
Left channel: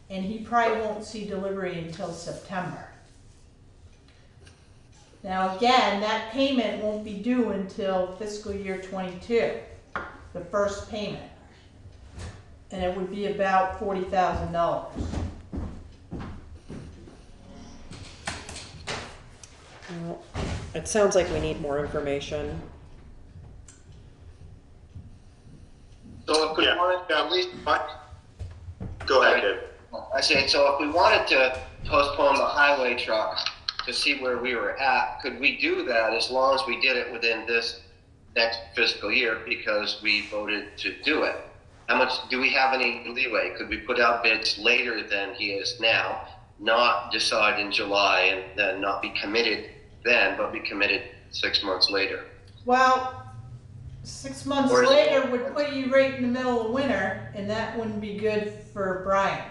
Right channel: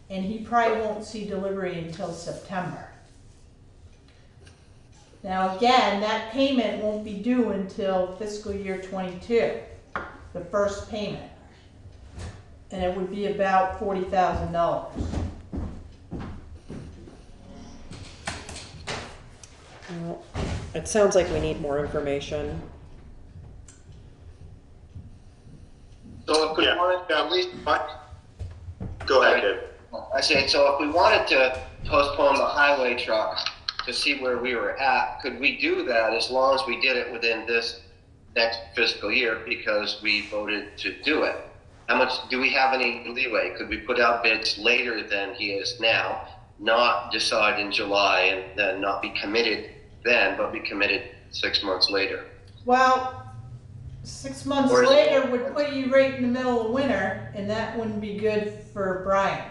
and he probably won't see delivery until September. Now again, that payment won't be due until fiscal year 22, the first payment. And it would be about $40,000. Well, it sounds like we need more information. So if we wanted to at least, go ahead, Dave. I said, so if we wanted to postpone the highway truck to see where we were at, could we do that as long as we did it within this next fiscal year because we voted to do it? How much, do we have any leeway? Could we put out bids later than he is now, not decide in July and then not be committed then, but be committed 6 months later? Well, 6 months Or is it- later would put you right in the middle of winter, and that wouldn't be good for Brian.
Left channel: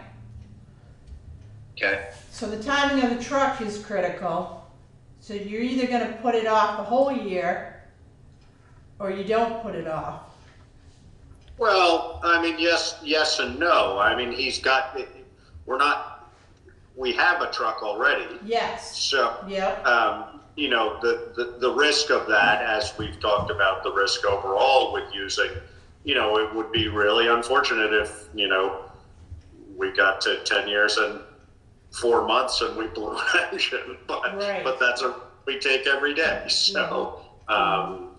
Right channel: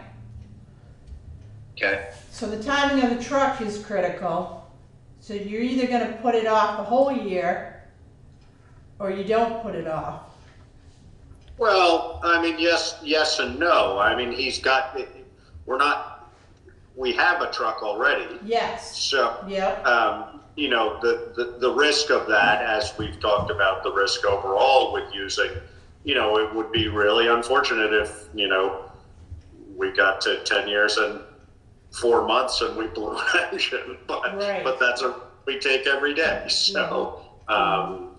Okay. So the timing of the truck is critical. So you're either gonna put it off the whole year, or you don't put it off. Well, I mean, yes and no. I mean, we have a truck already. Yes. So, Yep. you know, the risk of that, as we've talked about the risk overall with using, you know, it would be really unfortunate if, you know, we got to 10 years and 4 months and we blew an engine, but that's a we take every day. So,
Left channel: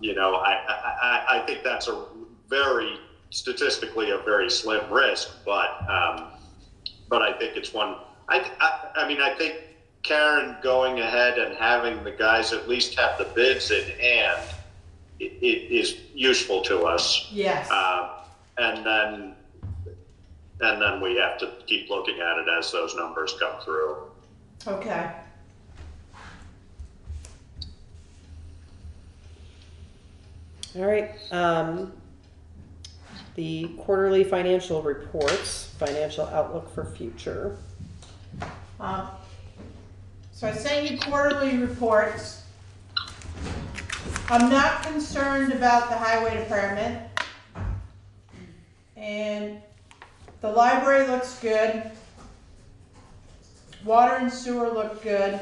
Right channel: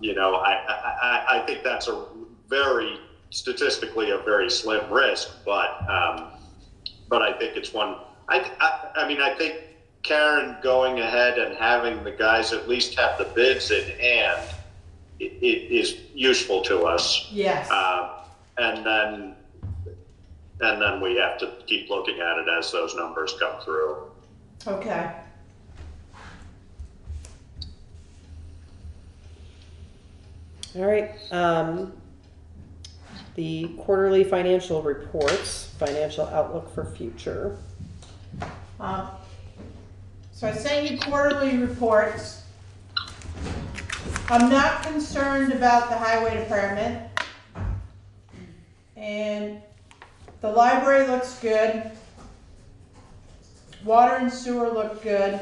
you know, I think that's a very, statistically a very slim risk, but I think it's one. I mean, I think Karen going ahead and having the guys at least have the bids in hand it is useful to us. Yes. And then we have to keep looking at it as those numbers come through. Okay. All right, the quarterly financial reports, financial outlook for future. So I sent you quarterly reports. I'm not concerned about the highway department. And the library looks good. Water and sewer look good.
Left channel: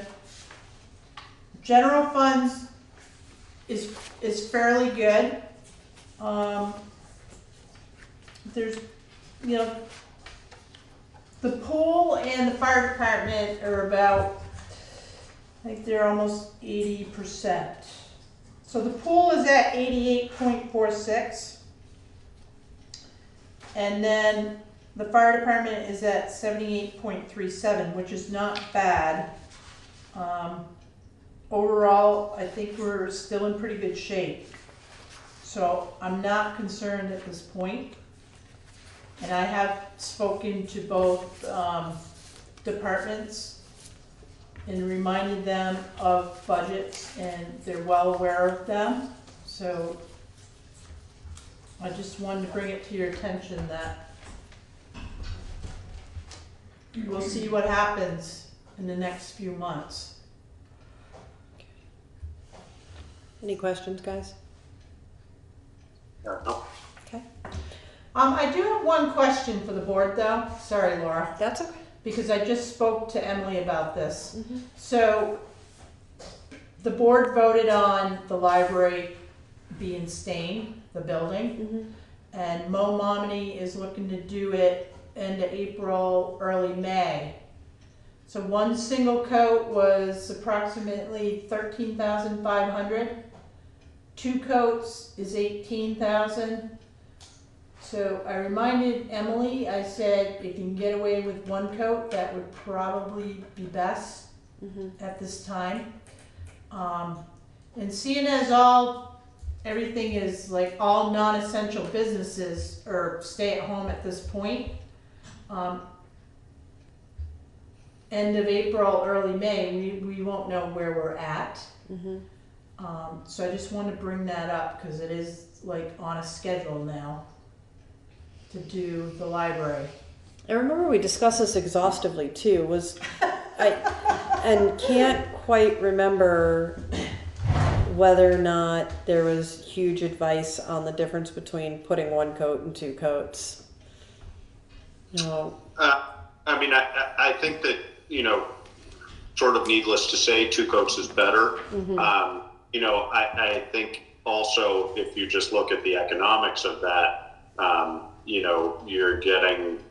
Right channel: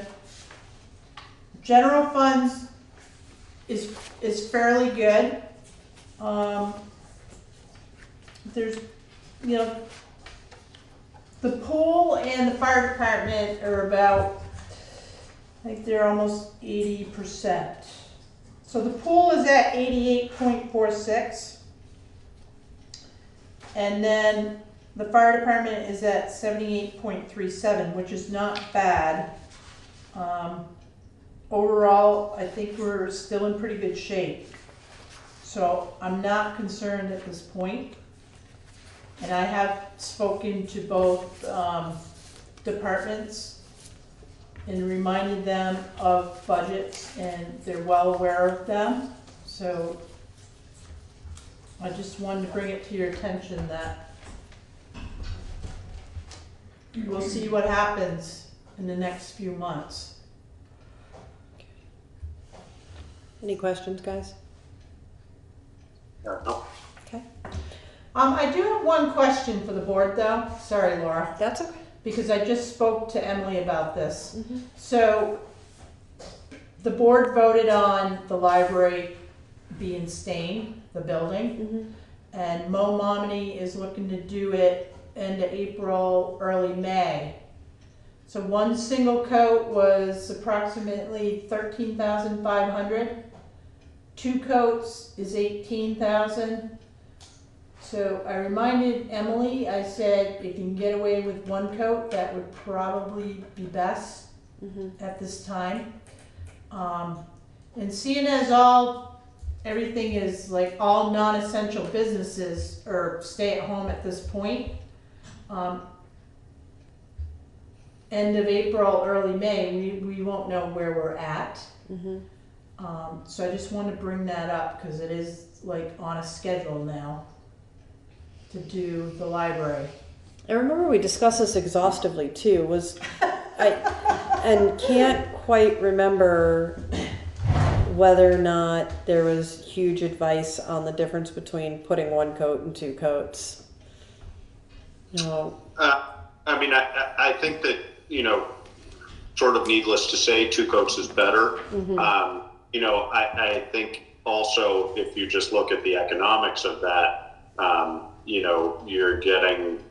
General funds is fairly good. There's, you know, the pool and the fire department are about, I think they're almost 80%. So the pool is at 88.46. And then the fire department is at 78.37, which is not bad. Overall, I think we're still in pretty good shape. So I'm not concerned at this point. And I have spoken to both departments and reminded them of budgets, and they're well aware of them. So I just wanted to bring it to your attention that we'll see what happens in the next few months. Any questions, guys? No. I do have one question for the board, though. Sorry, Laura. That's okay. Because I just spoke to Emily about this. So, the board voted on the library being stained, the building. And Mo Momini is looking to do it end of April, early May. So one single coat was approximately $13,500. 2 coats is $18,000. So I reminded Emily, I said, if you can get away with 1 coat, that would probably be best at this time. And seeing as everything is like all non-essential businesses or stay at home at this point, end of April, early May, we won't know where we're at. So I just wanted to bring that up because it is like on a schedule now to do the library. I remember we discussed this exhaustively too. And can't quite remember whether or not there was huge advice on the difference between putting 1 coat and 2 coats. No. I mean, I think that, sort of needless to say, 2 coats is better. I think also if you just look at the economics of that, you're getting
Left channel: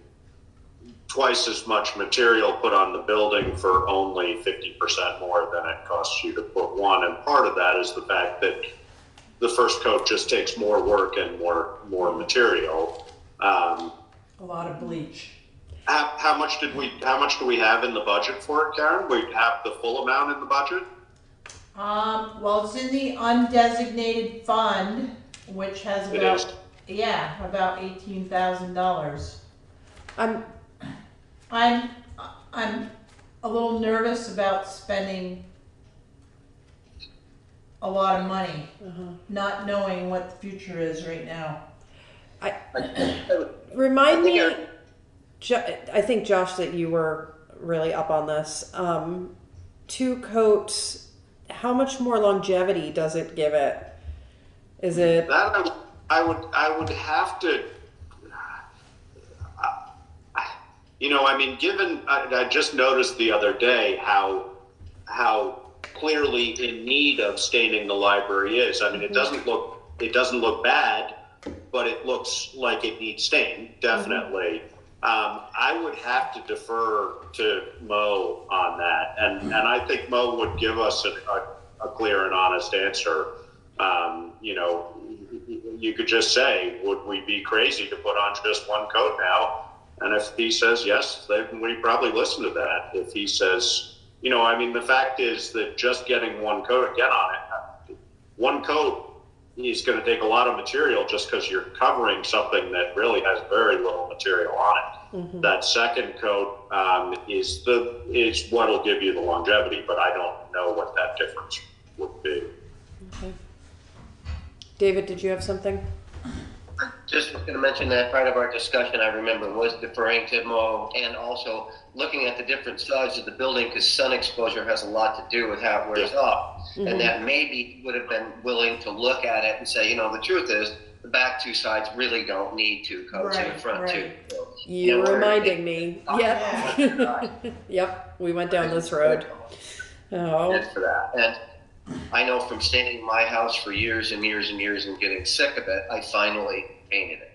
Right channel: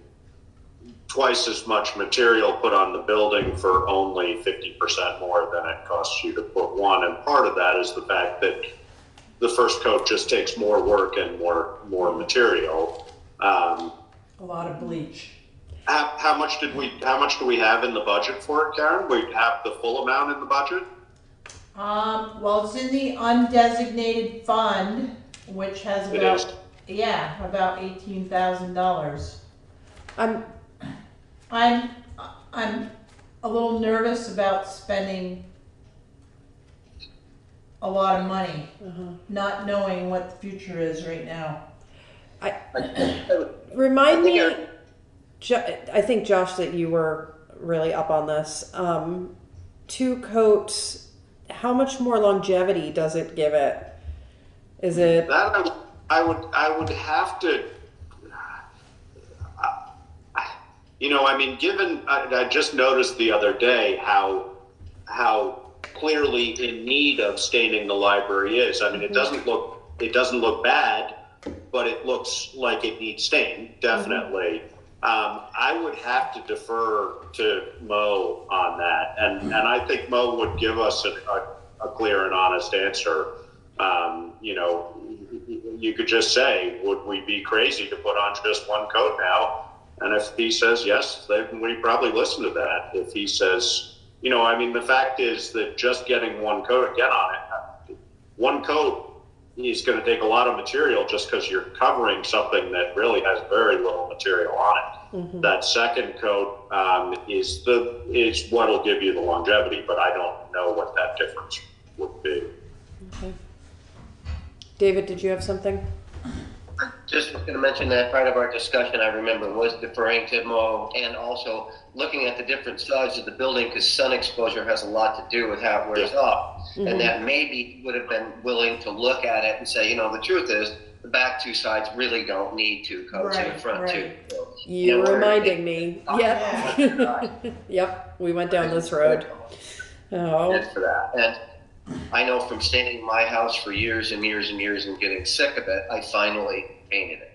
twice as much material put on the building for only 50% more than it costs you to put 1. And part of that is the fact that the first coat just takes more work and more material. A lot of bleach. How much do we have in the budget for it, Karen? We have the full amount in the budget? Well, it's in the undesignated fund, which has about $18,000. I'm a little nervous about spending a lot of money, not knowing what the future is right now. Remind me, I think, Josh, that you were really up on this. 2 coats, how much more longevity does it give it? Is it... That I would have to... given... I just noticed the other day how clearly in need of staining the library is. I mean, it doesn't look bad, but it looks like it needs stained, definitely. I would have to defer to Mo on that, and I think Mo would give us a clear and honest answer. You could just say, would we be crazy to put on just 1 coat now? And if he says yes, then we probably listen to that. If he says, the fact is that just getting 1 coat again on it, 1 coat is going to take a lot of material just because you're covering something that really has very little material on it. That second coat is what'll give you the longevity, but I don't know what that difference would be. Okay. David, did you have something? I just was going to mention that part of our discussion, I remember, was deferring to Mo and also looking at the different sides of the building because sun exposure has a lot to do with how it wears off. And that maybe would have been willing to look at it and say, the truth is the back 2 sides really don't need 2 coats in the front 2. So, you're reminding me. Yep. Yep. We went down this road. Oh. For that. And I know from staining my house for years and years and years and getting sick of it, I finally painted it.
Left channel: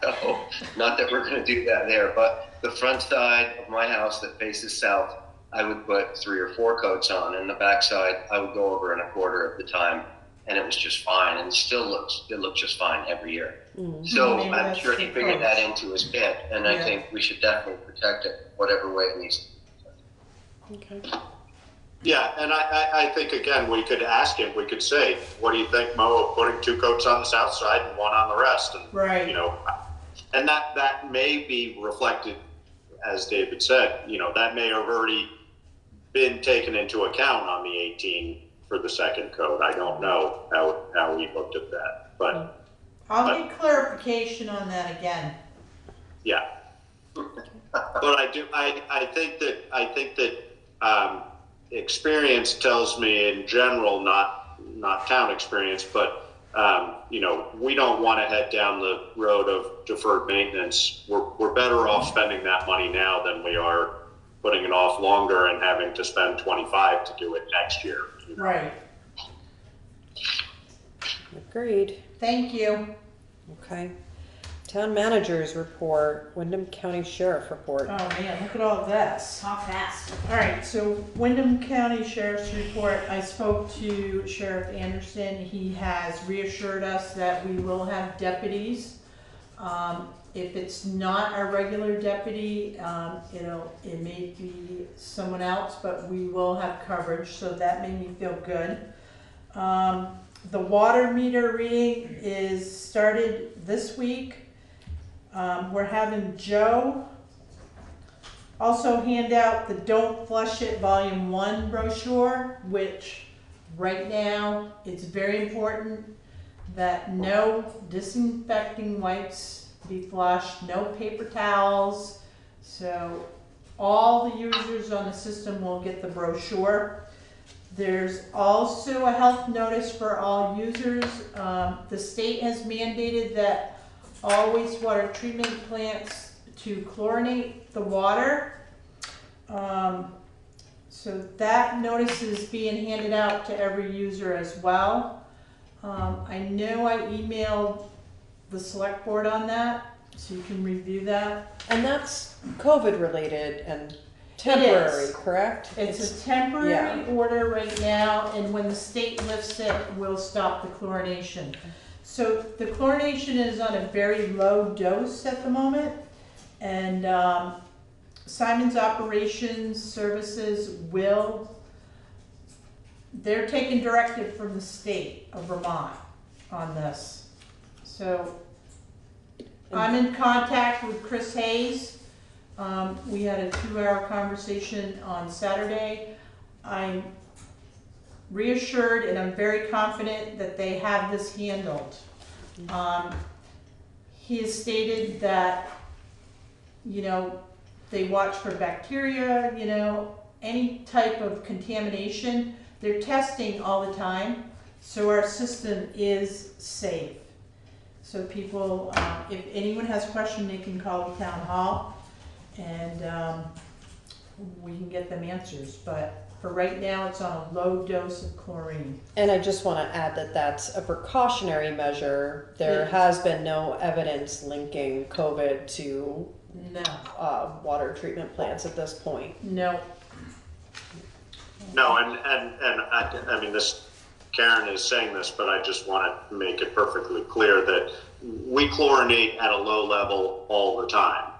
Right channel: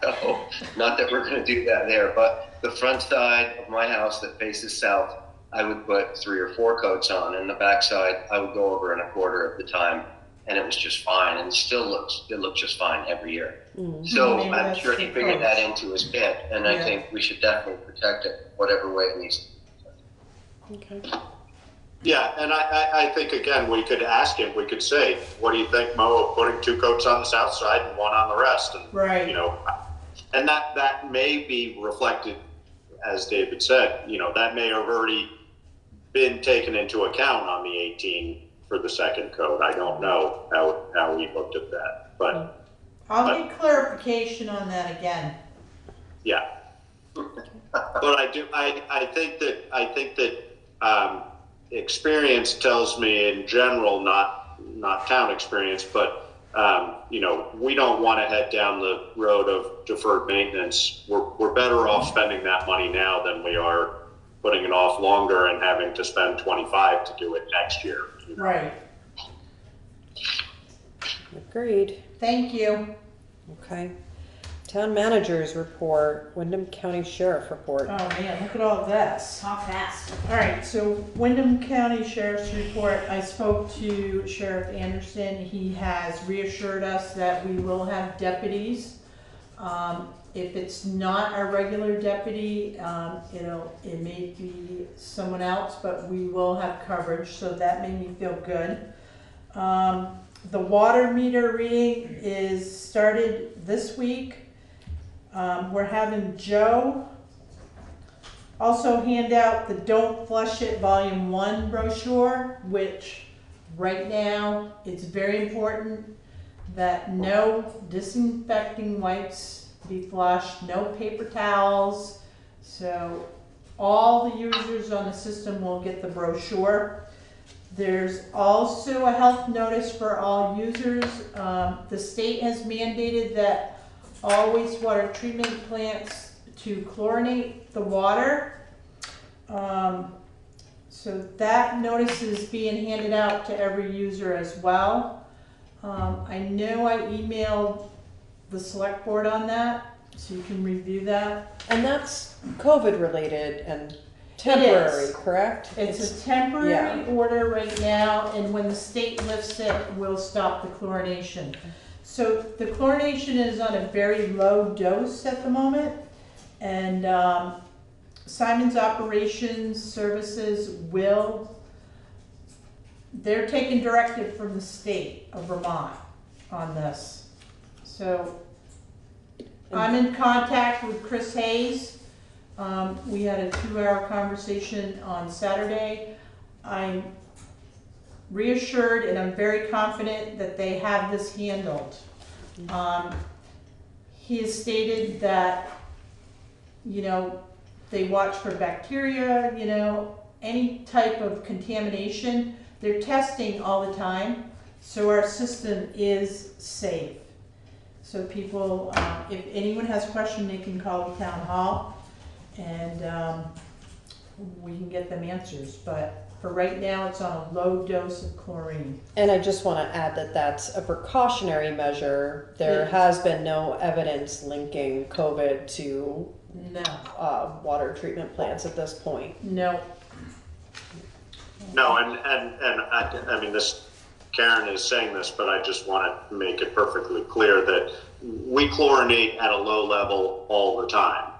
So, not that we're going to do that there, but the front side of my house that faces south, I would put 3 or 4 coats on, and the back side, I would go over in a quarter of the time, and it was just fine, and it looks just fine every year. So I'm sure he figured that into his bid, and I think we should definitely protect it whatever way it needs to be protected. Okay. Yeah, and I think, again, we could ask him, we could say, what do you think, Mo, of putting 2 coats on the south side and 1 on the rest? And, Right. you know, and that may be reflected, as David said, you know, that may have already been taken into account on the 18 for the second coat. I don't know how we looked at that, but. I'll get clarification on that again. Yeah. But I think that experience tells me in general, not town experience, but you know, we don't want to head down the road of deferred maintenance. We're better off spending that money now than we are putting it off longer and having to spend 25 to do it next year. You know? Right. Agreed. Thank you. Okay. Town managers report, Wyndham County Sheriff report. Oh man, look at all this. Talk fast. All right, so Wyndham County Sheriff's report, I spoke to Sheriff Anderson. He has reassured us that we will have deputies. If it's not our regular deputy, it may be someone else, but we will have coverage, so that made me feel good. The water meter reading is started this week. We're having Joe also hand out the Don't Flush It Volume 1 brochure, which right now it's very important that no disinfecting wipes be flushed, no paper towels. So all the users on the system will get the brochure. There's also a health notice for all users. The state has mandated that all wastewater treatment plants to chlorinate the water. So that notice is being handed out to every user as well. I know I emailed the select board on that, so you can review that. And that's COVID related and temporary, correct? It's a temporary order right now, and when the state lifts it, we'll stop the chlorination. So the chlorination is on a very low dose at the moment, and Simon's Operations Services they're taking directive from the state of Vermont on this. So I'm in contact with Chris Hayes. We had a 2-hour conversation on Saturday. I'm reassured and I'm very confident that they have this handled. He has stated that, you know, they watch for bacteria, you know, any type of contamination. They're testing all the time, so our system is safe. So people, if anyone has a question, they can call the town hall and we can get them answers. But for right now, it's on a low dose of chlorine. And I just want to add that that's a precautionary measure. There has been no evidence linking COVID to water treatment plants at this point. No. No, and I mean, Karen is saying this, but I just want to make it perfectly clear that we chlorinate at a low level all the time.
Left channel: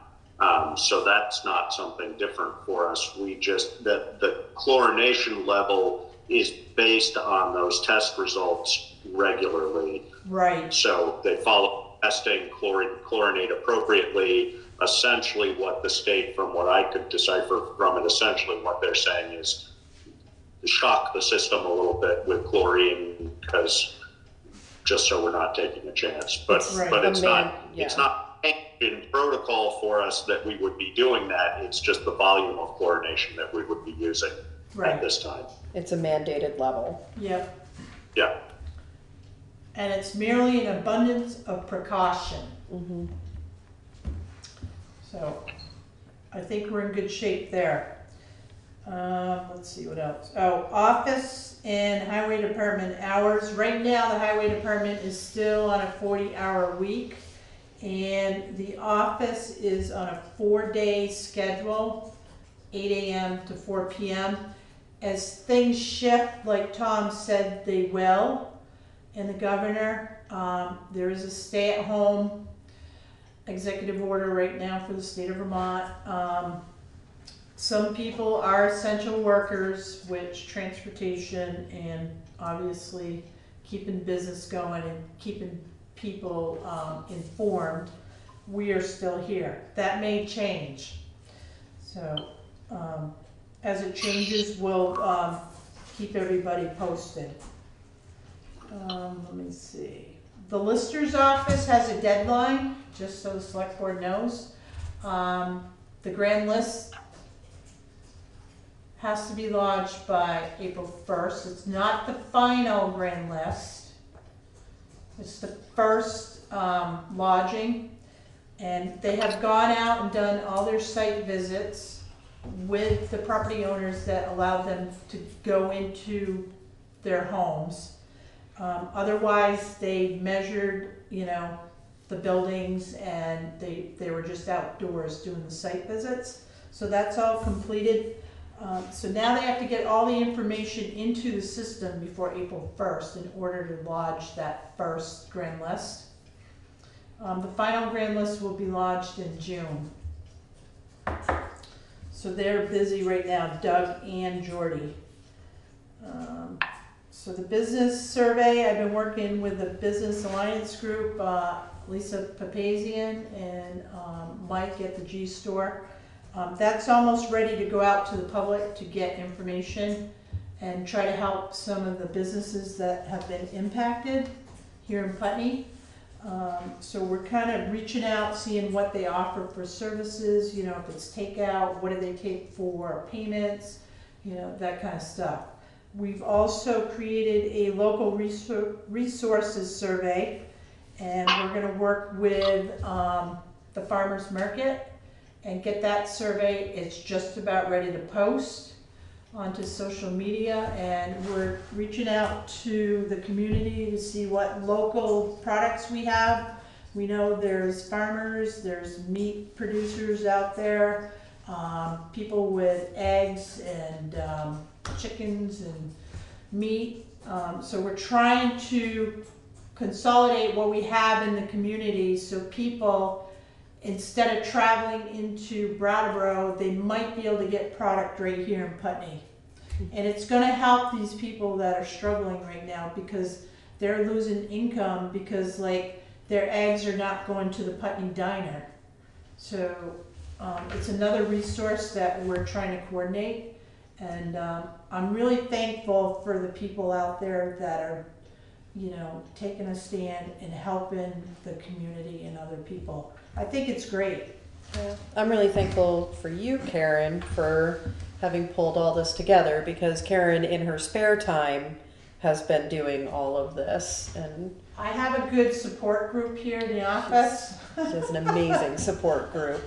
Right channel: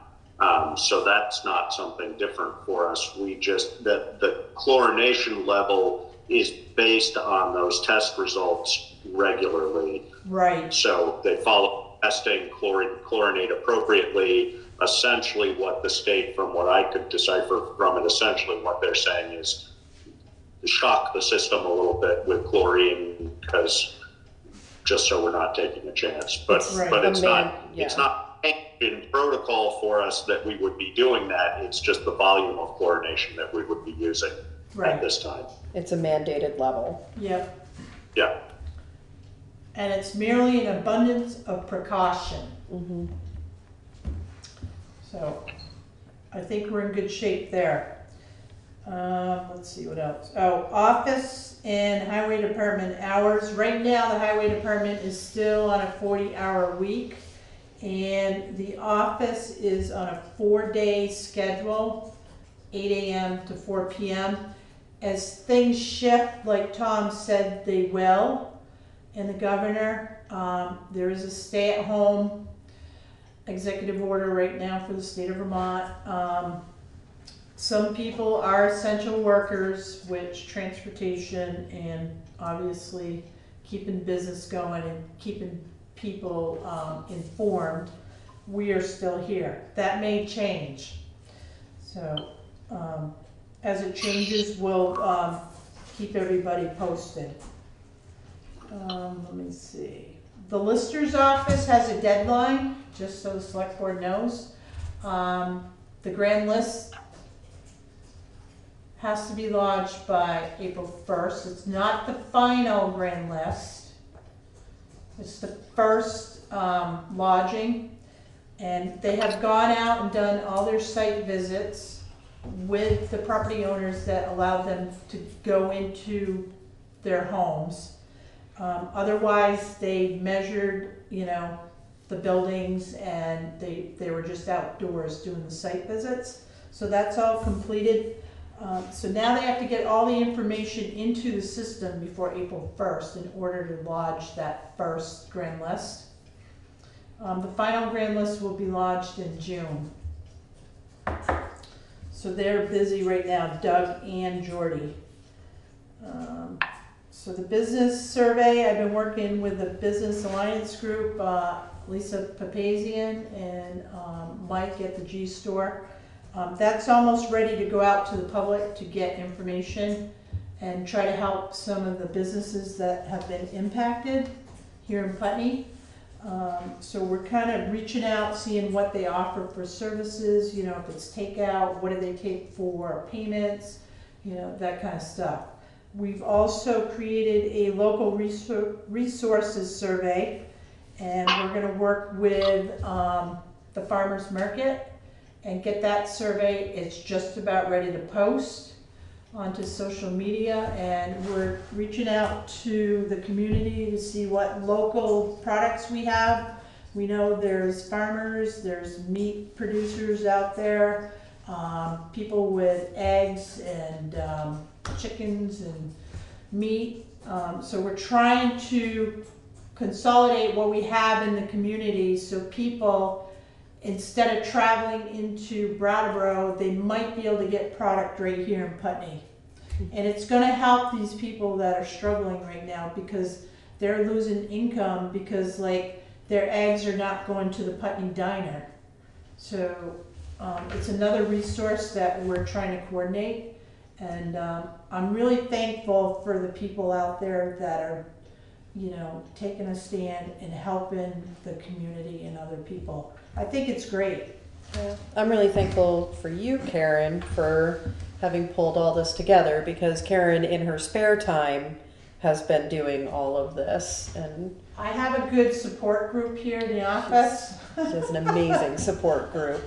So that's not something different for us. We just, the chlorination level is based on those test results regularly. Right. So they follow testing, chlorinate appropriately. Essentially what the state, from what I could decipher from it, essentially what they're saying is shock the system a little bit with chlorine, because just so we're not taking a chance. But it's not in protocol for us that we would be doing that. It's just the volume of chlorination that we would be using at this time. It's a mandated level. Yep. Yeah. And it's merely an abundance of precaution. Mm-hmm. So I think we're in good shape there. Let's see what else. Oh, office and highway department hours. Right now, the highway department is still on a 40-hour week, and the office is on a 4-day schedule, 8 a.m. to 4 p.m. As things shift, like Tom said they will, and the governor, there is a stay-at-home executive order right now for the state of Vermont. some people are essential workers, which transportation and obviously keeping business going and keeping people informed, we are still here. That may change. So as it changes, we'll keep everybody posted. Let me see. The Lister's office has a deadline, just so the select board knows. The grand list has to be lodged by April 1st. It's not the final grand list. It's the first lodging. And they have gone out and done all their site visits with the property owners that allowed them to go into their homes. Otherwise, they measured, the buildings, and they were just outdoors doing the site visits. So that's all completed. So now they have to get all the information into the system before April 1st in order to lodge that first grand list. The final grand list will be lodged in June. So they're busy right now, Doug and Jordy. So the business survey, I've been working with the Business Alliance Group, Lisa Papazian and Mike at the G Store. That's almost ready to go out to the public to get information and try to help some of the businesses that have been impacted here in Putney. So we're kind of reaching out, seeing what they offer for services, if it's takeout, what do they take for payments, that kind of stuff. We've also created a local resources survey, and we're going to work with the farmers market and get that survey. It's just about ready to post onto social media, and we're reaching out to the community to see what local products we have. We know there's farmers, there's meat producers out there, people with eggs and chickens and meat. So we're trying to consolidate what we have in the community so people, instead of traveling into Brattleboro, they might be able to get product right here in Putney. And it's going to help these people that are struggling right now because they're losing income because their eggs are not going to the Putney diner. So it's another resource that we're trying to coordinate. And I'm really thankful for the people out there that are, taking a stand and helping the community and other people. I think it's great. Yeah. I'm really thankful for you, Karen, for having pulled all this together because Karen, in her spare time, has been doing all of this. And I have a good support group here in the office. She has an amazing support group.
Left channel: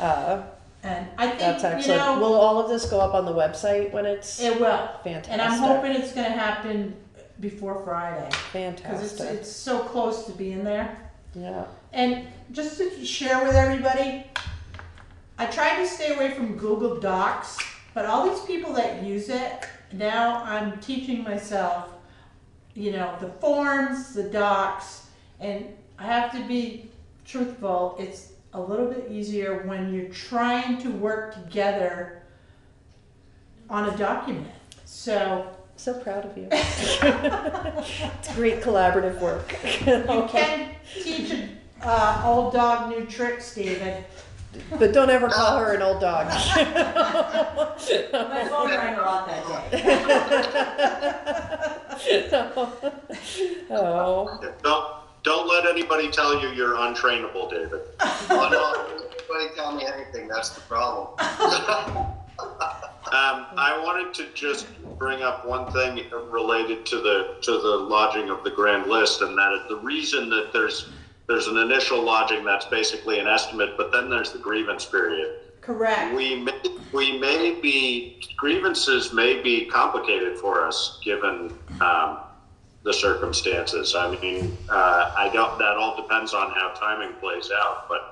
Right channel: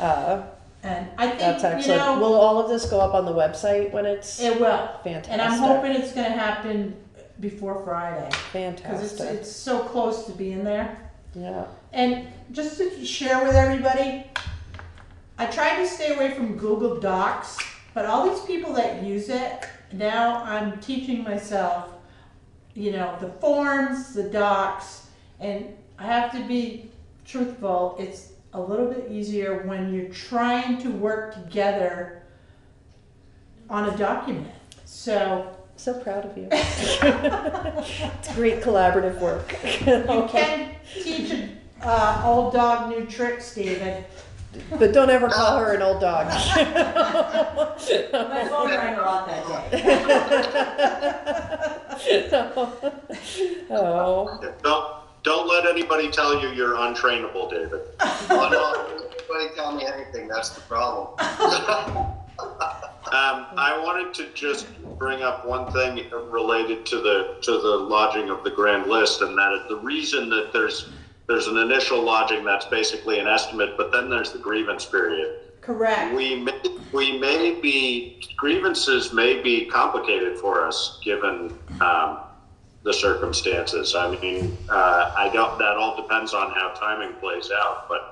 And I think, that's excellent. Will all of this go up on the website when it's? It will. Fantastic. And I'm hoping it's going to happen before Friday. Fantastic. Because it's so close to being there. Yeah. And just to share with everybody, I tried to stay away from Google Docs, but all these people that use it, now I'm teaching myself, the forms, the docs, and I have to be truthful, it's a little bit easier when you're trying to work together on a document. So proud of you. It's great collaborative work. You can teach an old dog new tricks, David. But don't ever call her an old dog. My phone rang a lot that day. Oh. Don't let anybody tell you you're untrainable, David. Oh, no, nobody tell me anything. That's the problem. I wanted to just bring up one thing related to the lodging of the grand list, and that is the reason that there's an initial lodging that's basically an estimate, but then there's the grievance period. Correct. Grievances may be complicated for us given the circumstances. I mean, that all depends on how timing plays out, but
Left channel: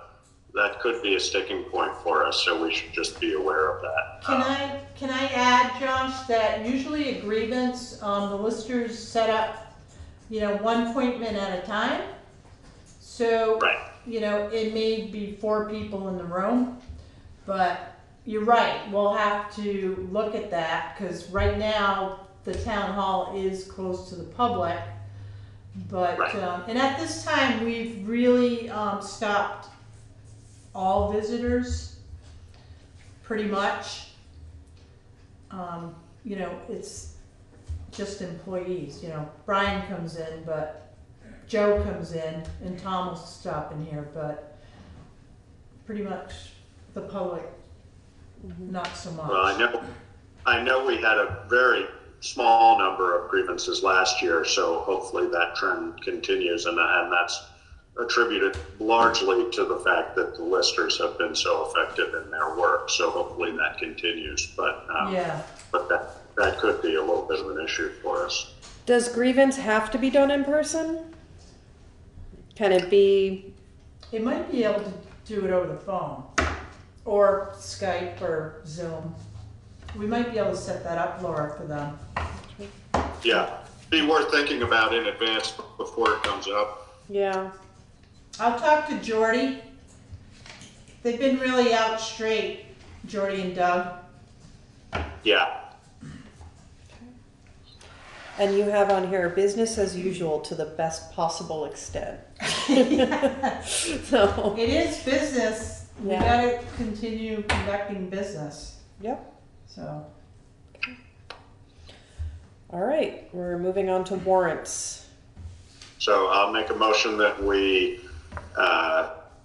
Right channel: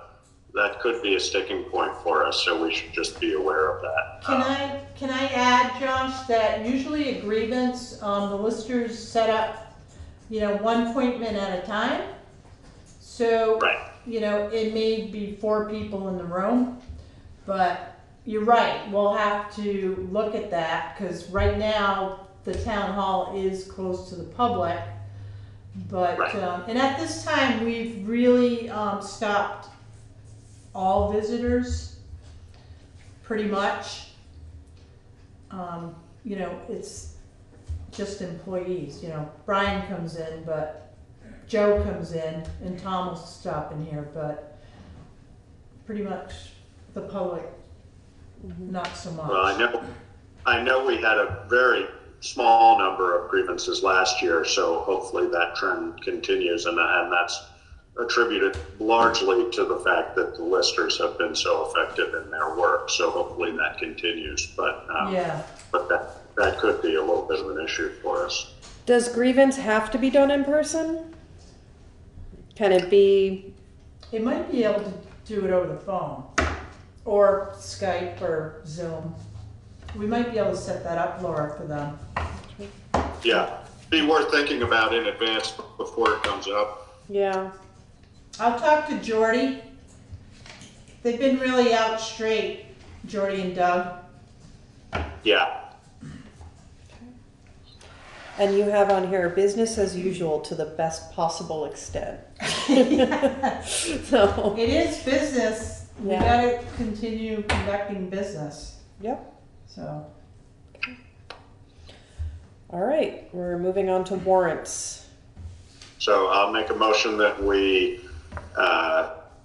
that could be a sticking point for us, so we should just be aware of that. Can I add, Josh, that usually a grievance, the listers set up, one appointment at a time. So, right. It may be 4 people in the room, but you're right, we'll have to look at that, cause right now, the town hall is closed to the public. But, and at this time, we've really, stopped all visitors, pretty much. You know, it's just employees, you know, Brian comes in, but Joe comes in, and Tom will stop in here, but pretty much the public, not so much. Well, I know we had a very small number of grievances last year, so hopefully that trend continues, and that's attributed largely to the fact that the listers have been so effective in their work. So hopefully that continues, but that could be a little bit of an issue for us. Does grievance have to be done in person? Can it be? It might be able to do it over the phone, or Skype, or Zoom. We might be able to set that up, Laura, for them. Yeah, be worth thinking about in advance before it comes up. Yeah. I'll talk to Jordy. They've been really out straight, Jordy and Doug. Yeah. And you have on here business as usual to the best possible extent. So it is business. We Yeah. gotta continue conducting business. Yep. So. All right, we're moving on to warrants. So I'll make a motion that we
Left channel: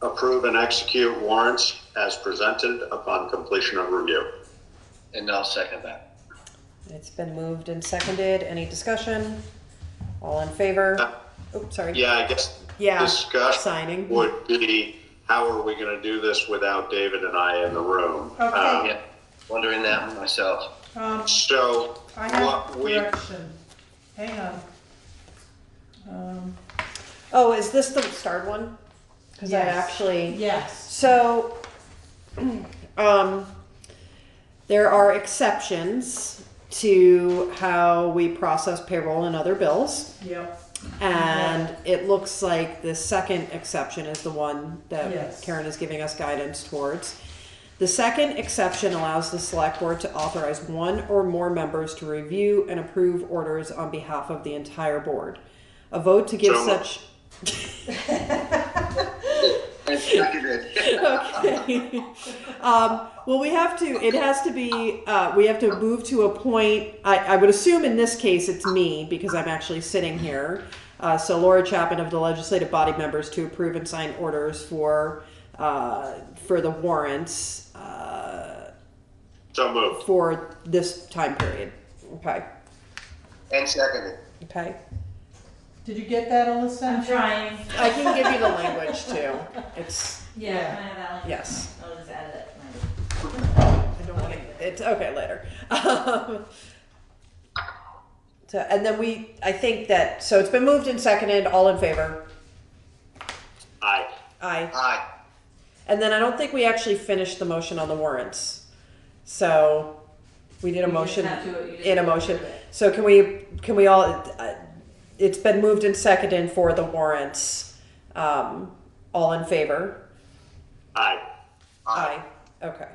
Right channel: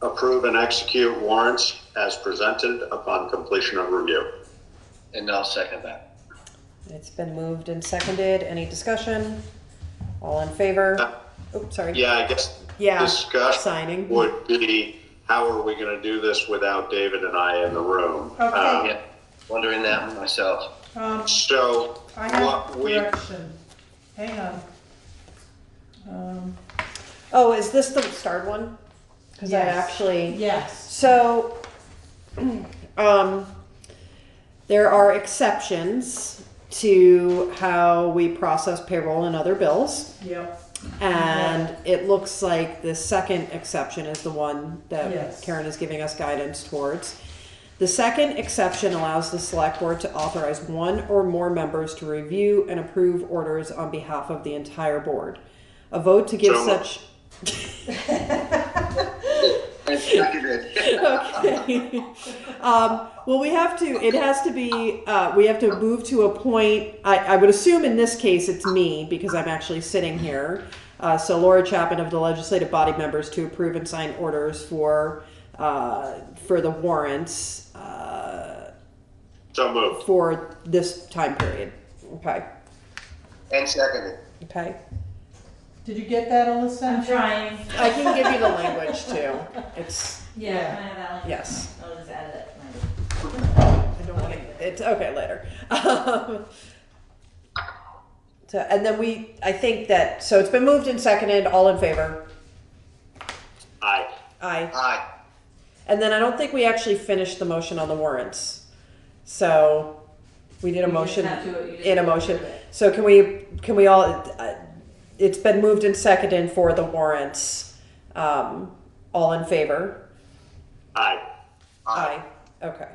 approve and execute warrants as presented upon completion of review. And I'll second that. It's been moved and seconded. Any discussion? All in favor? Oh, sorry. Yeah, I guess discussion signing would be, how are we going to do this without David and I in the room? Okay. Yeah, wondering that myself. So I have what we direction. Hang on. Oh, is this the starred one? Because I Yes. actually. Yes. So, there are exceptions to how we process payroll and other bills. Yep. And it looks like the second exception is the one that Yes. Karen is giving us guidance towards. The second exception allows the select board to authorize one or more members to review and approve orders on behalf of the entire board. A vote to give such. Okay. Well, we have to, it has to be, we have to move to a point, I would assume in this case it's me, because I'm actually sitting here. So Laura Chapman of the legislative body members to approve and sign orders for the warrants. So moved. For this time period. Okay. And seconded. Okay. Did you get that, Alyssa? I'm trying. I can give you the language too. It's. Yeah, can I have that one? Yes. I'll just add it. I don't want to. It's okay later. So, and then I think that, so it's been moved and seconded. All in favor? Aye. Aye. Aye. And then I don't think we actually finished the motion on the warrants. So we did a motion in a motion. So can we all? It's been moved and seconded for the warrants. All in favor? Aye. Aye. Okay.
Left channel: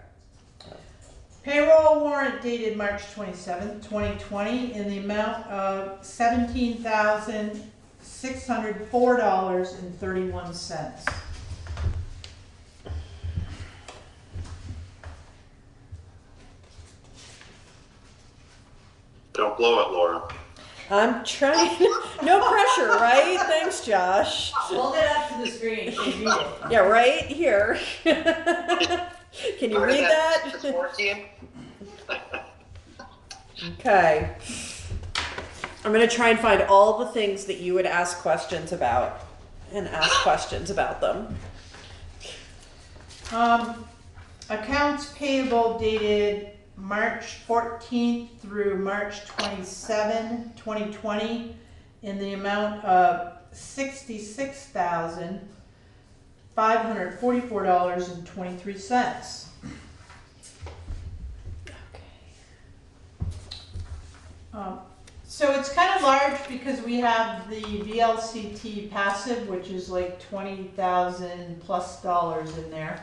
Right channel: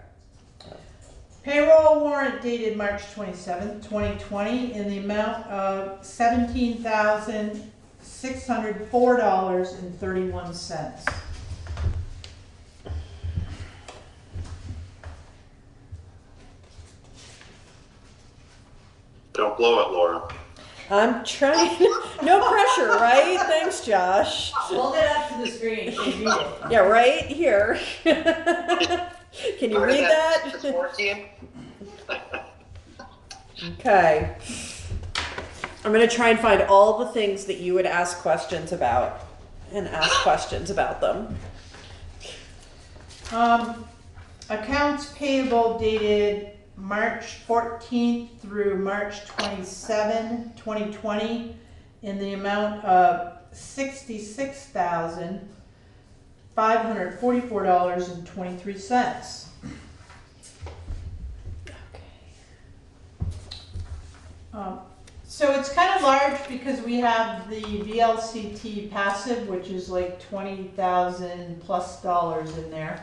Payroll warrant dated March 27th, 2020 in the amount of $17,604.31. Don't blow it, Laura. I'm trying. No pressure, right? Thanks, Josh. Hold it up to the screen so you read it. Yeah, right here. Can you read that? 14? Okay. I'm going to try and find all the things that you would ask questions about and ask questions about them. Accounts payable dated March 14th through March 27, 2020 in the amount of $66,544.23. So it's kind of large because we have the VLCT passive, which is like $20,000+ in there.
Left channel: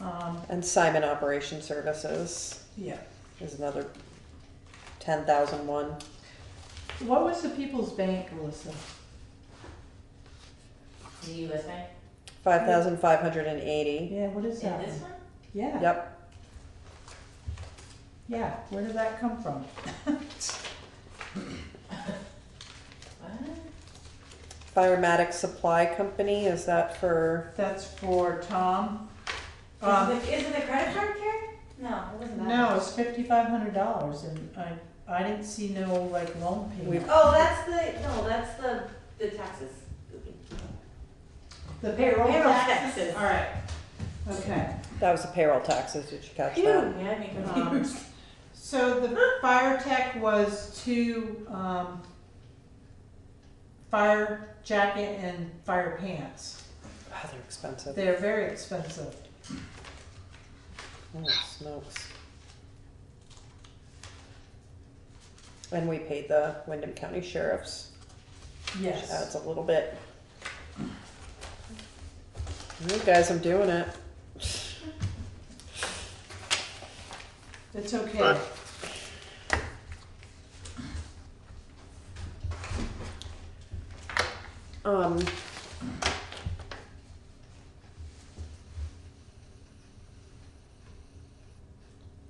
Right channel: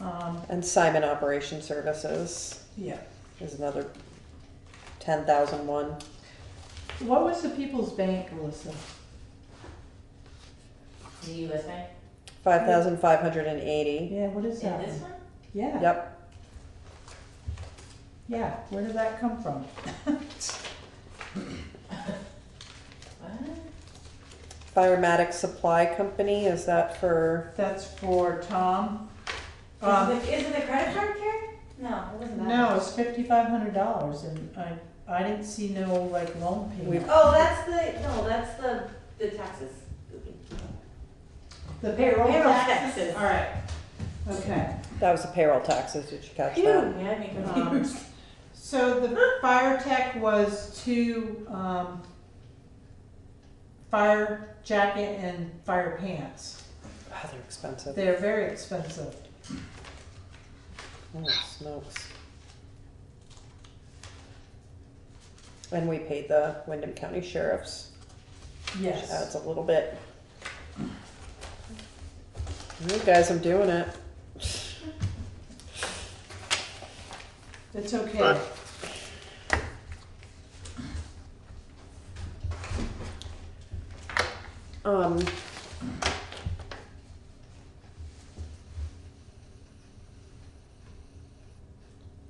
And Simon Operation Services Yeah. is another 10,001. What was the People's Bank, Alyssa? The US Bank? 5,580. Yeah, what is that? This one? Yeah. Yep. Yeah, where did that come from? Firematic Supply Company, is that for? That's for Tom. Is it the credit card, Karen? No, it wasn't that. No, it's $5,500 and I didn't see no like loan payment. Oh, that's the taxes. The payroll taxes? taxes. All right, okay. That was the payroll taxes, did you catch Phew, that? yeah, me confused. So the fire tech was two, fire jacket and fire pants. Oh, they're expensive. They're very expensive. Oh, smokes. And we paid the Wyndham County Sheriffs. Yes. Which adds a little bit. You guys, I'm doing it. It's okay.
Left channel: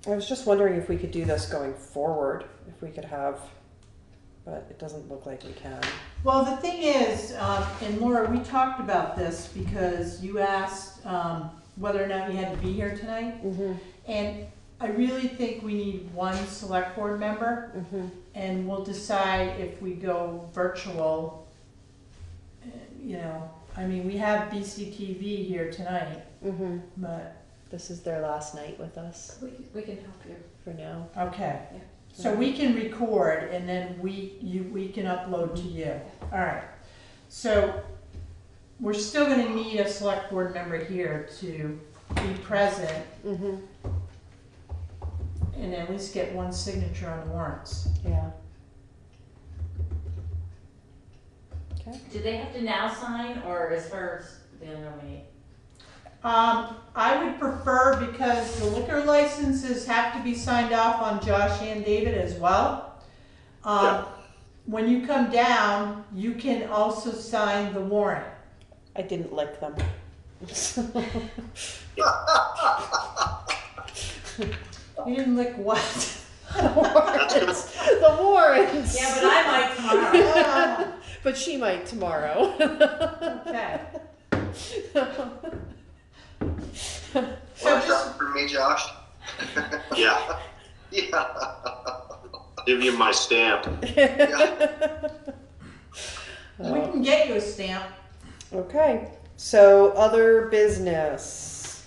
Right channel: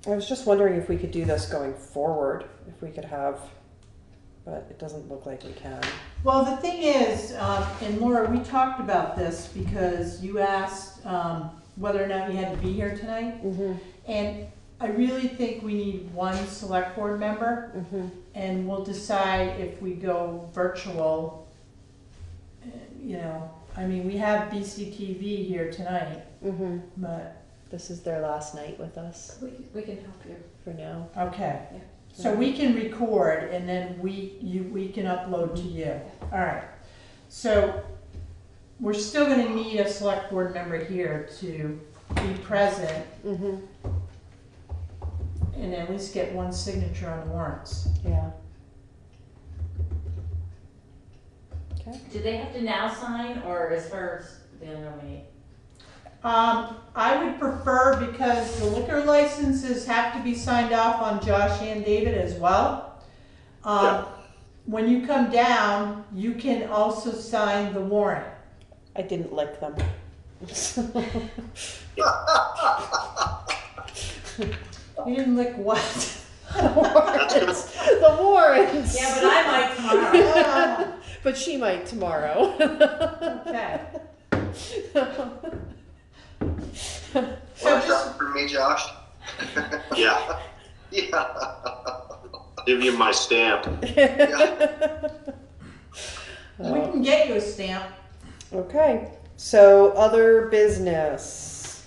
I was just wondering if we could do this going forward, if we could have, but it doesn't look like we can. Well, the thing is, and Laura, we talked about this because you asked whether or not you had to be here tonight. And I really think we need one select board member, and we'll decide if we go virtual. You know, I mean, we have BCTV here tonight, but. This is their last night with us We can help you. for now. Okay. Yeah. So we can record and then we can upload to you. All right. So we're still gonna need a select board member here to be present and at least get one signature on the warrants. Yeah. Do they have to now sign, or is first the nominee? I would prefer, because the liquor licenses have to be signed off on Josh and David as well. When you come down, you can also sign the warrant. I didn't lick them. You didn't lick what? The warrants. Yeah, but I might tomorrow. But she might tomorrow. Okay. Watch out for me, Josh. Yeah. Yeah. Give you my stamp. We can get you a stamp. Okay, so other business.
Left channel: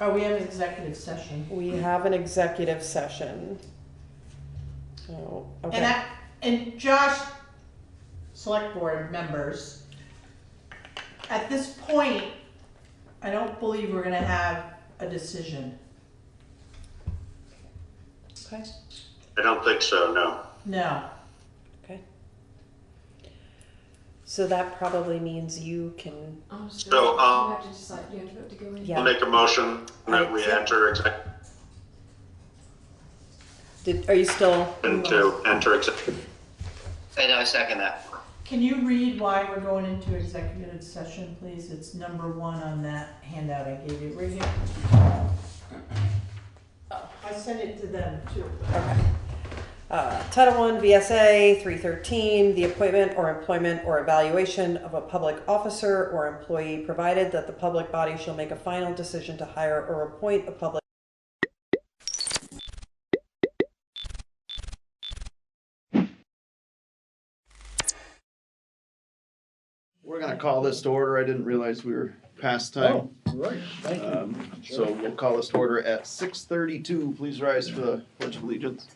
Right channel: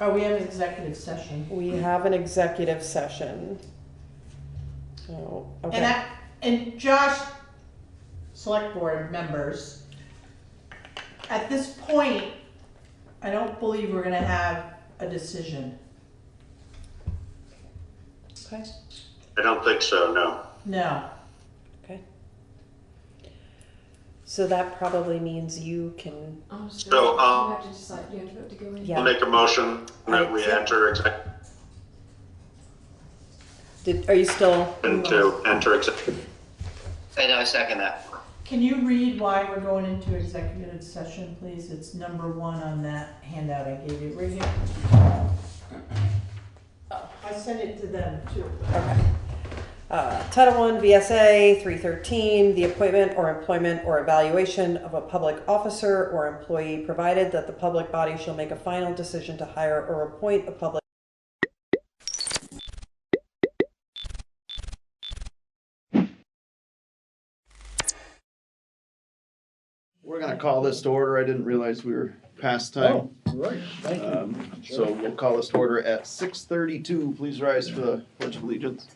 Oh, we have an executive session. We have an executive session. Oh, okay. And Josh, select board members, at this point, I don't believe we're gonna have a decision. Okay. I don't think so, no. No. Okay. So that probably means you can. So, You have to decide, you have to vote to go in. Yeah. I'll make a motion that we enter Are you still? executive. And I second that. Can you read why we're going into executive session, please? It's number 1 on that handout I gave you, right here. I sent it to them too. Okay. Title I VSA 313, the appointment or employment or evaluation of a public officer or employee, provided that the public body shall make a final decision to hire or appoint a public. We're going to call this to order. I didn't realize we were past time. Right, thank you. So we'll call this to order at 6:32. Please rise for the Pledge of Allegiance.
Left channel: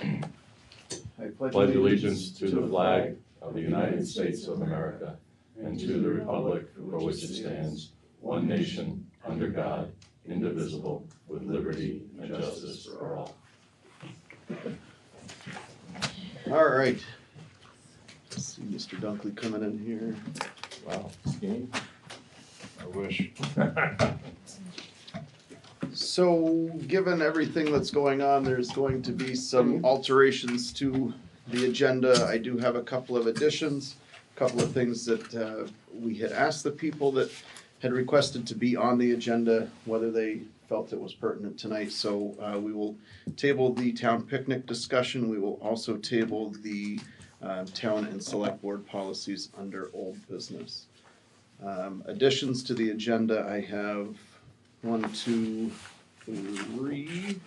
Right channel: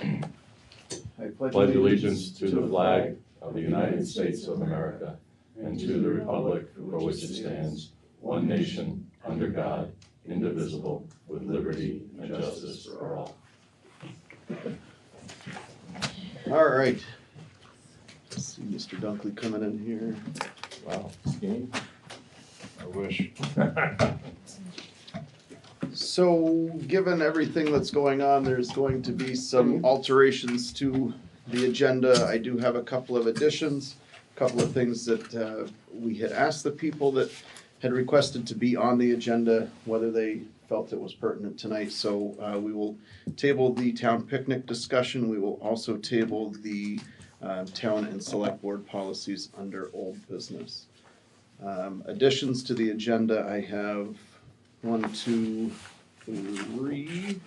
I pledge allegiance to the flag of the United States of America and to the republic for which it stands, one nation, under God, indivisible, with liberty and justice for all. All right. Let's see Mr. Dunkley coming in here. Wow, skiing? wish. So, given everything that's going on, there's going to be some alterations to the agenda. I do have a couple of additions, a couple of things that we had asked the people that had requested to be on the agenda, whether they felt it was pertinent tonight. So we will table the town picnic discussion. We will also table the town and select board policies under old business. Additions to the agenda, I have 1, 2, 3.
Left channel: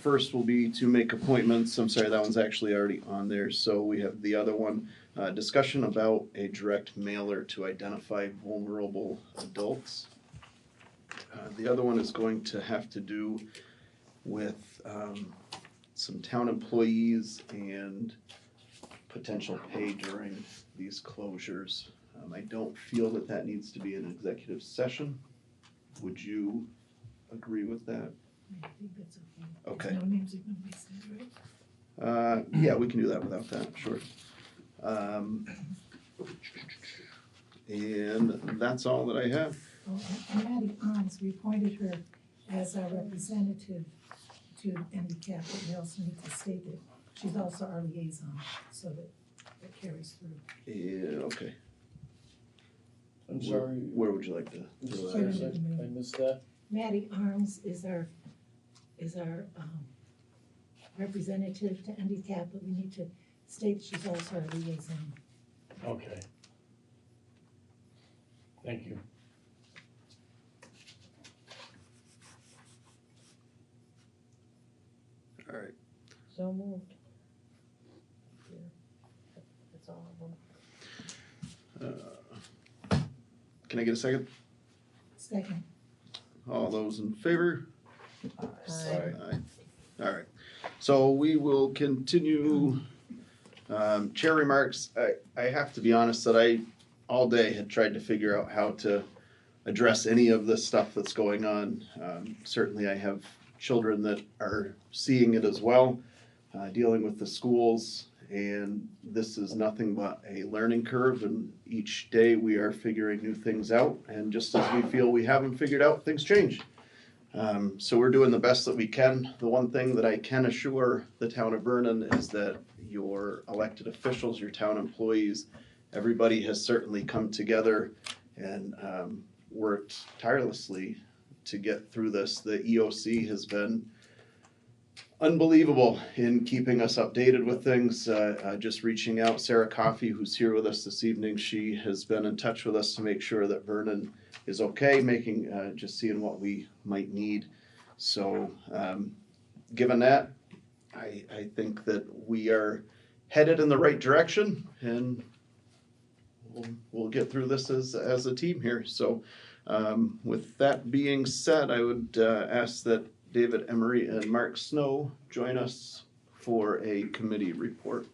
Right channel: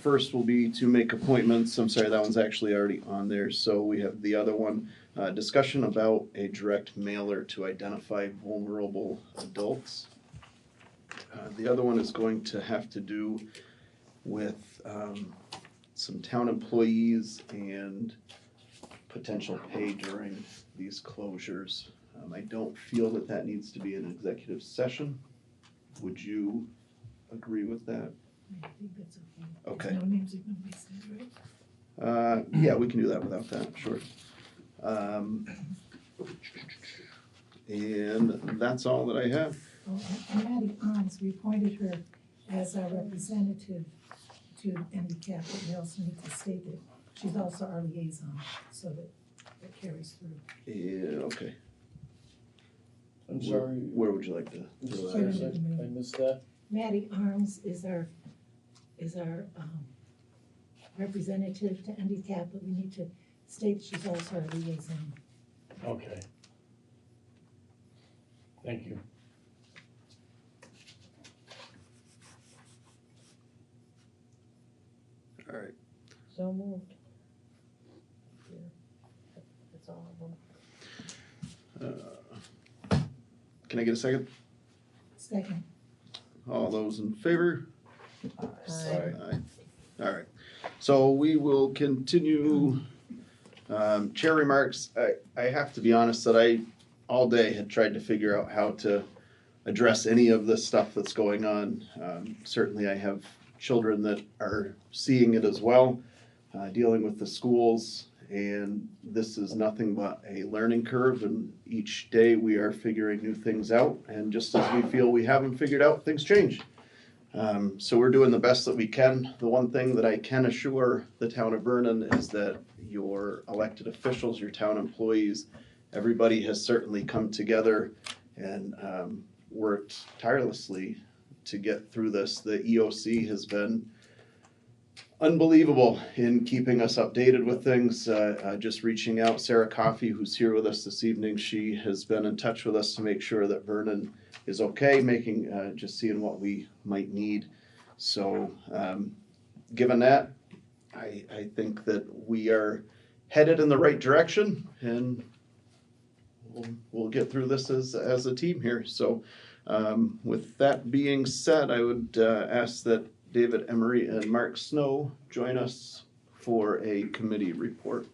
First will be to make appointments. I'm sorry, that one's actually already on there. So we have the other one, discussion about a direct mailer to identify vulnerable adults. The other one is going to have to do with some town employees and potential pay during these closures. I don't feel that that needs to be an executive session. Would you agree with that? I think that's okay. Okay. No names are gonna be said, right? Yeah, we can do that without that, sure. And that's all that I have. Oh, and Maddie Arms, we appointed her as our representative to handicap, but we also need to state that she's also our liaison, so that it carries through. Yeah, okay. I'm sorry. Where would you like to throw that? I missed that. Maddie Arms is our representative to handicap, but we need to state she's also our liaison. Okay. Thank you. All right. So moved. That's all of them. Can I get a second? Second. All those in favor? Aye. Aye. All right. So we will continue. Chair remarks. I have to be honest that I all day had tried to figure out how to address any of the stuff that's going on. Certainly I have children that are seeing it as well, dealing with the schools, and this is nothing but a learning curve, and each day we are figuring new things out, and just as we feel we have them figured out, things change. So we're doing the best that we can. The one thing that I can assure the town of Vernon is that your elected officials, your town employees, everybody has certainly come together and worked tirelessly to get through this. The EOC has been unbelievable in keeping us updated with things. Just reaching out, Sarah Coffey, who's here with us this evening, she has been in touch with us to make sure that Vernon is okay, just seeing what we might need. So given that, I think that we are headed in the right direction, and we'll get through this as a team here. So with that being said, I would ask that David Emery and Mark Snow join us for a committee report.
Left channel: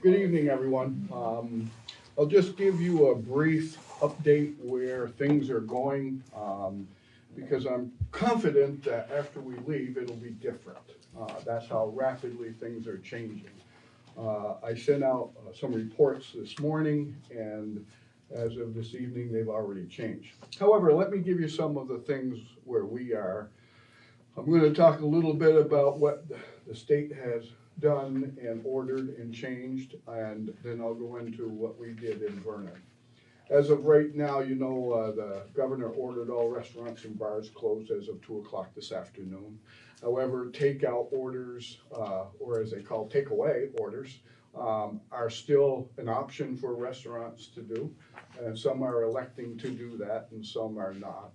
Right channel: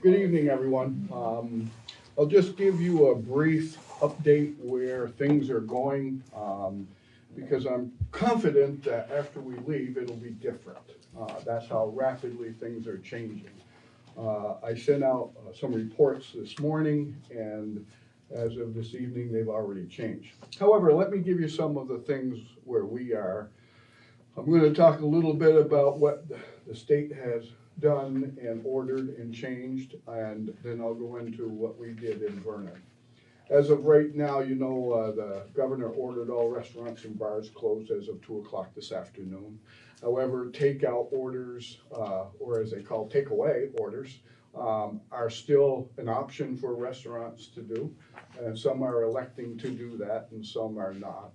Good evening, everyone. I'll just give you a brief update where things are going, because I'm confident that after we leave, it'll be different. That's how rapidly things are changing. I sent out some reports this morning, and as of this evening, they've already changed. However, let me give you some of the things where we are. I'm going to talk a little bit about what the state has done and ordered and changed, and then I'll go into what we did in Vernon. As of right now, you know, the governor ordered all restaurants and bars closed as of 2 o'clock this afternoon. However, takeout orders, or as they call takeaway orders, are still an option for restaurants to do. And some are electing to do that and some are not.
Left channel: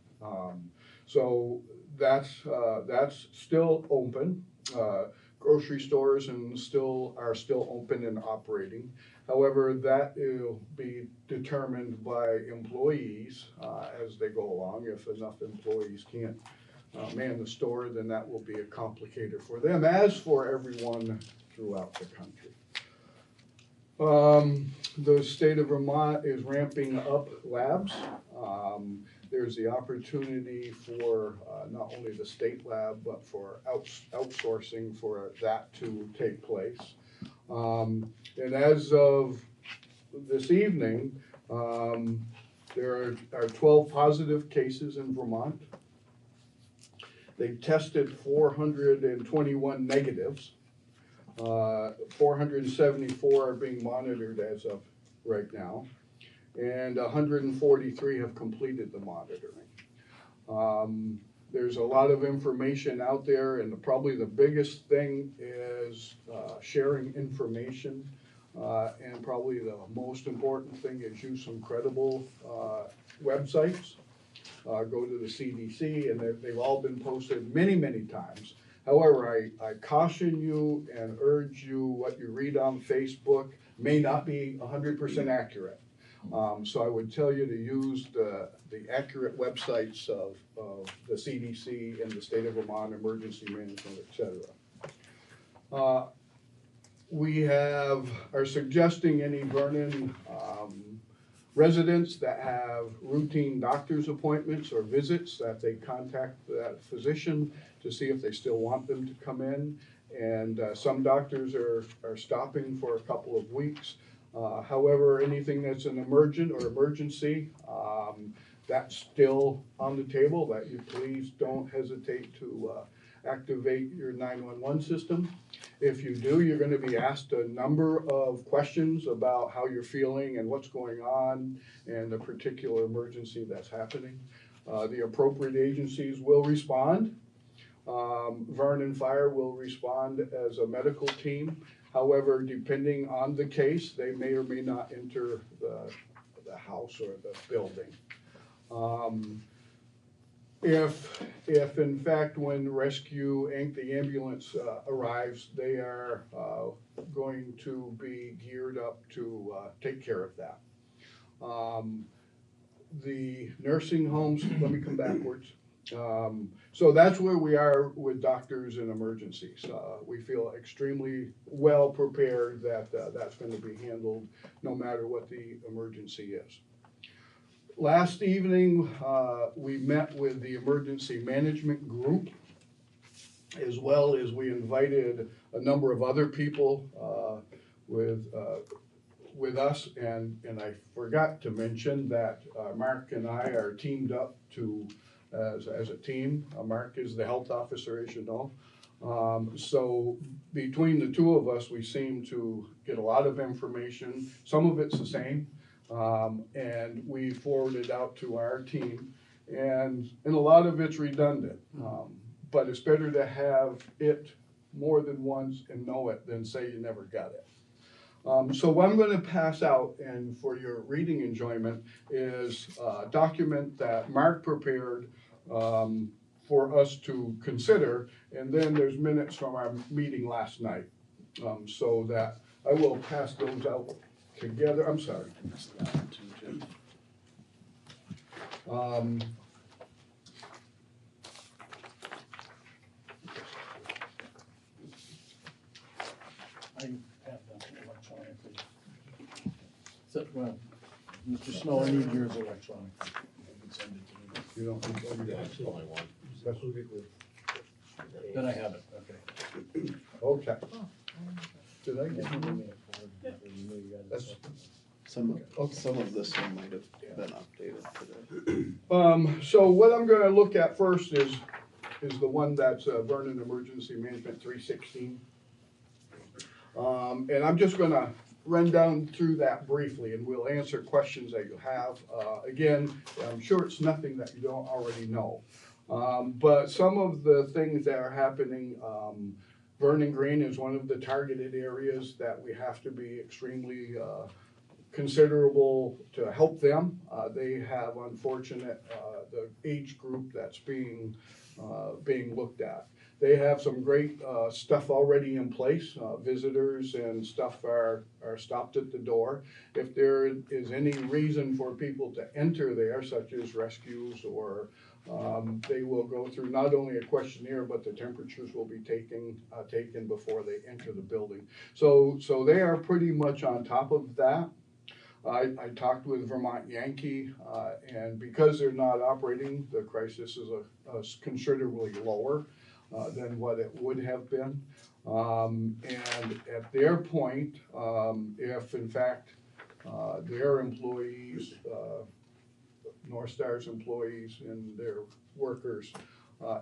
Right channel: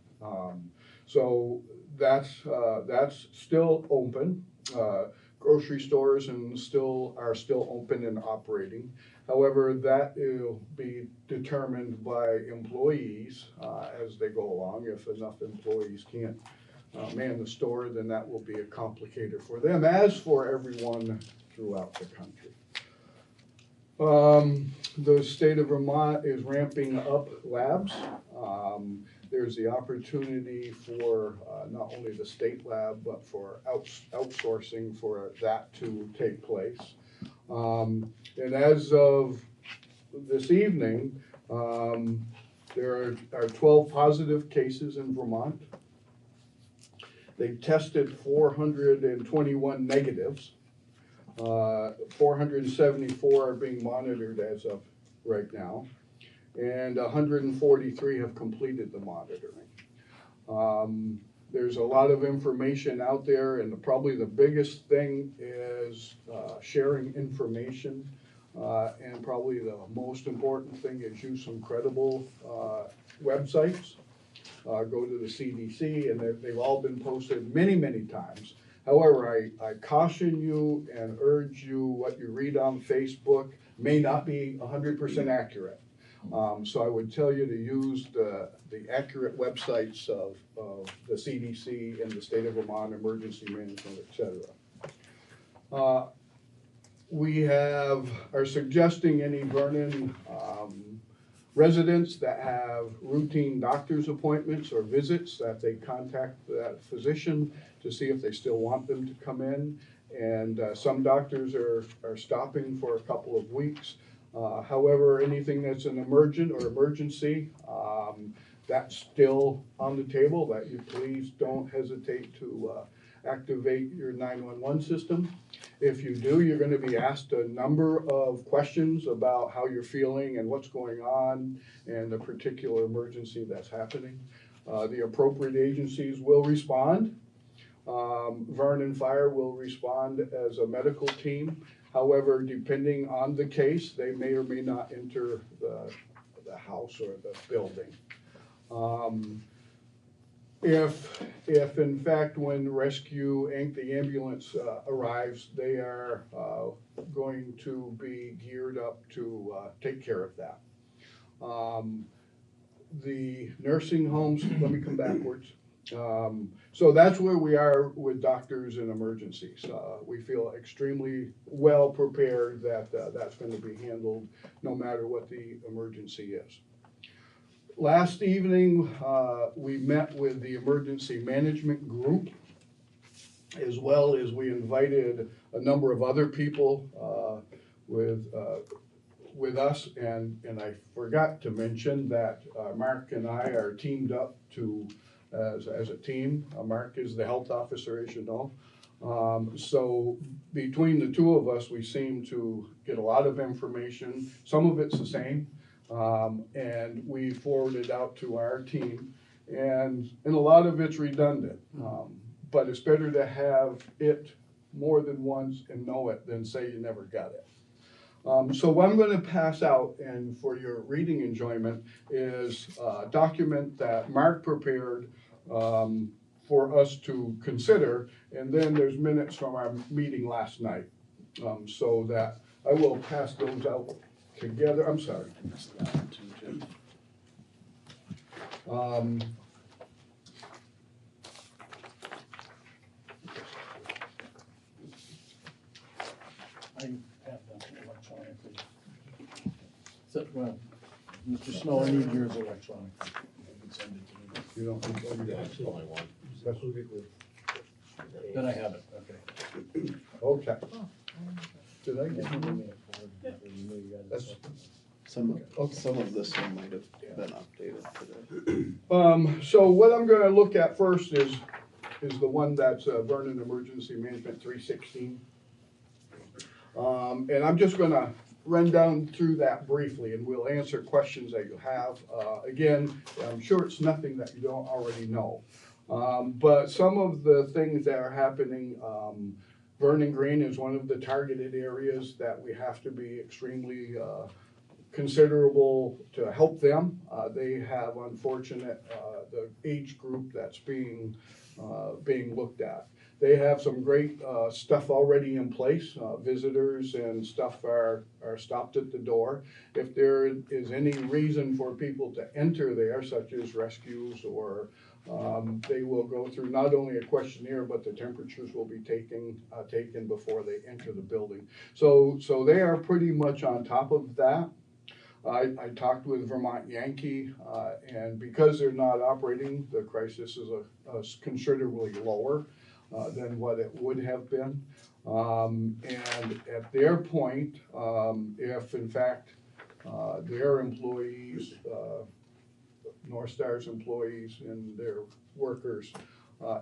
So that's still open. Grocery stores are still open and operating. However, that will be determined by employees as they go along. If enough employees can't man the store, then that will be a complicator for them, as for everyone throughout the country. The state of Vermont is ramping up labs. there's the opportunity for not only the state lab, but for outsourcing for that to take place. And as of this evening, there are 12 positive cases in Vermont. They've tested 421 negatives. 474 are being monitored as of right now, and 143 have completed the monitoring. There's a lot of information out there, and probably the biggest thing is sharing information, and probably the most important thing is use some credible websites. Go to the CDC, and they've all been posted many, many times. However, I caution you and urge you, what you read on Facebook may not be 100% accurate. So I would tell you to use the accurate websites of the CDC and the state of Vermont Emergency Management, etc. We are suggesting any Vernon residents that have routine doctor's appointments or visits that they contact that physician to see if they still want them to come in. And some doctors are stopping for a couple of weeks. However, anything that's an emergent or emergency, that's still on the table, that you please don't hesitate to activate your 911 system. If you do, you're going to be asked a number of questions about how you're feeling and what's going on and the particular emergency that's happening. The appropriate agencies will respond. Vernon Fire will respond as a medical team. However, depending on the case, they may or may not enter the house or the building. If in fact when Rescue Inc., the ambulance arrives, they are going to be geared up to take care of that. The nursing homes, let me come backwards. So that's where we are with doctors in emergencies. We feel extremely well prepared that that's going to be handled no matter what the emergency is. Last evening, we met with the emergency management group, as well as we invited a number of other people with us, and I forgot to mention that Mark and I are teamed up as a team. Mark is the health officer, as you know. So between the two of us, we seem to get a lot of information. Some of it's the same, and we forward it out to our team, and a lot of it's redundant. But it's better to have it more than once and know it than say you never got it. So what I'm going to pass out, and for your reading enjoyment, is a document that Mark prepared for us to consider, and then there's minutes from our meeting last night. So that I will pass those out together. I'm sorry. I have them electronically. So, well, Mr. Snow, I need yours electronically. You can send it to me. You don't think That's all I want. that's what it was. Then I have it, okay. Okay. Did I get That's- Some of this one might have been updated today. So what I'm gonna look at first is the one that's Vernon Emergency Management 316. And I'm just gonna run down through that briefly, and we'll answer questions that you have. Again, I'm sure it's nothing that you don't already know. But some of the things that are happening, Vernon Green is one of the targeted areas that we have to be extremely considerable to help them. They have, unfortunate, the age group that's being looked at. They have some great stuff already in place. Visitors and stuff are stopped at the door. If there is any reason for people to enter there, such as rescues, or they will go through not only a questionnaire, but the temperatures will be taken before they enter the building. So they are pretty much on top of that. I talked with Vermont Yankee, and because they're not operating, the crisis is considerably lower than what it would have been. And at their point, if in fact their employees, North Star's employees and their workers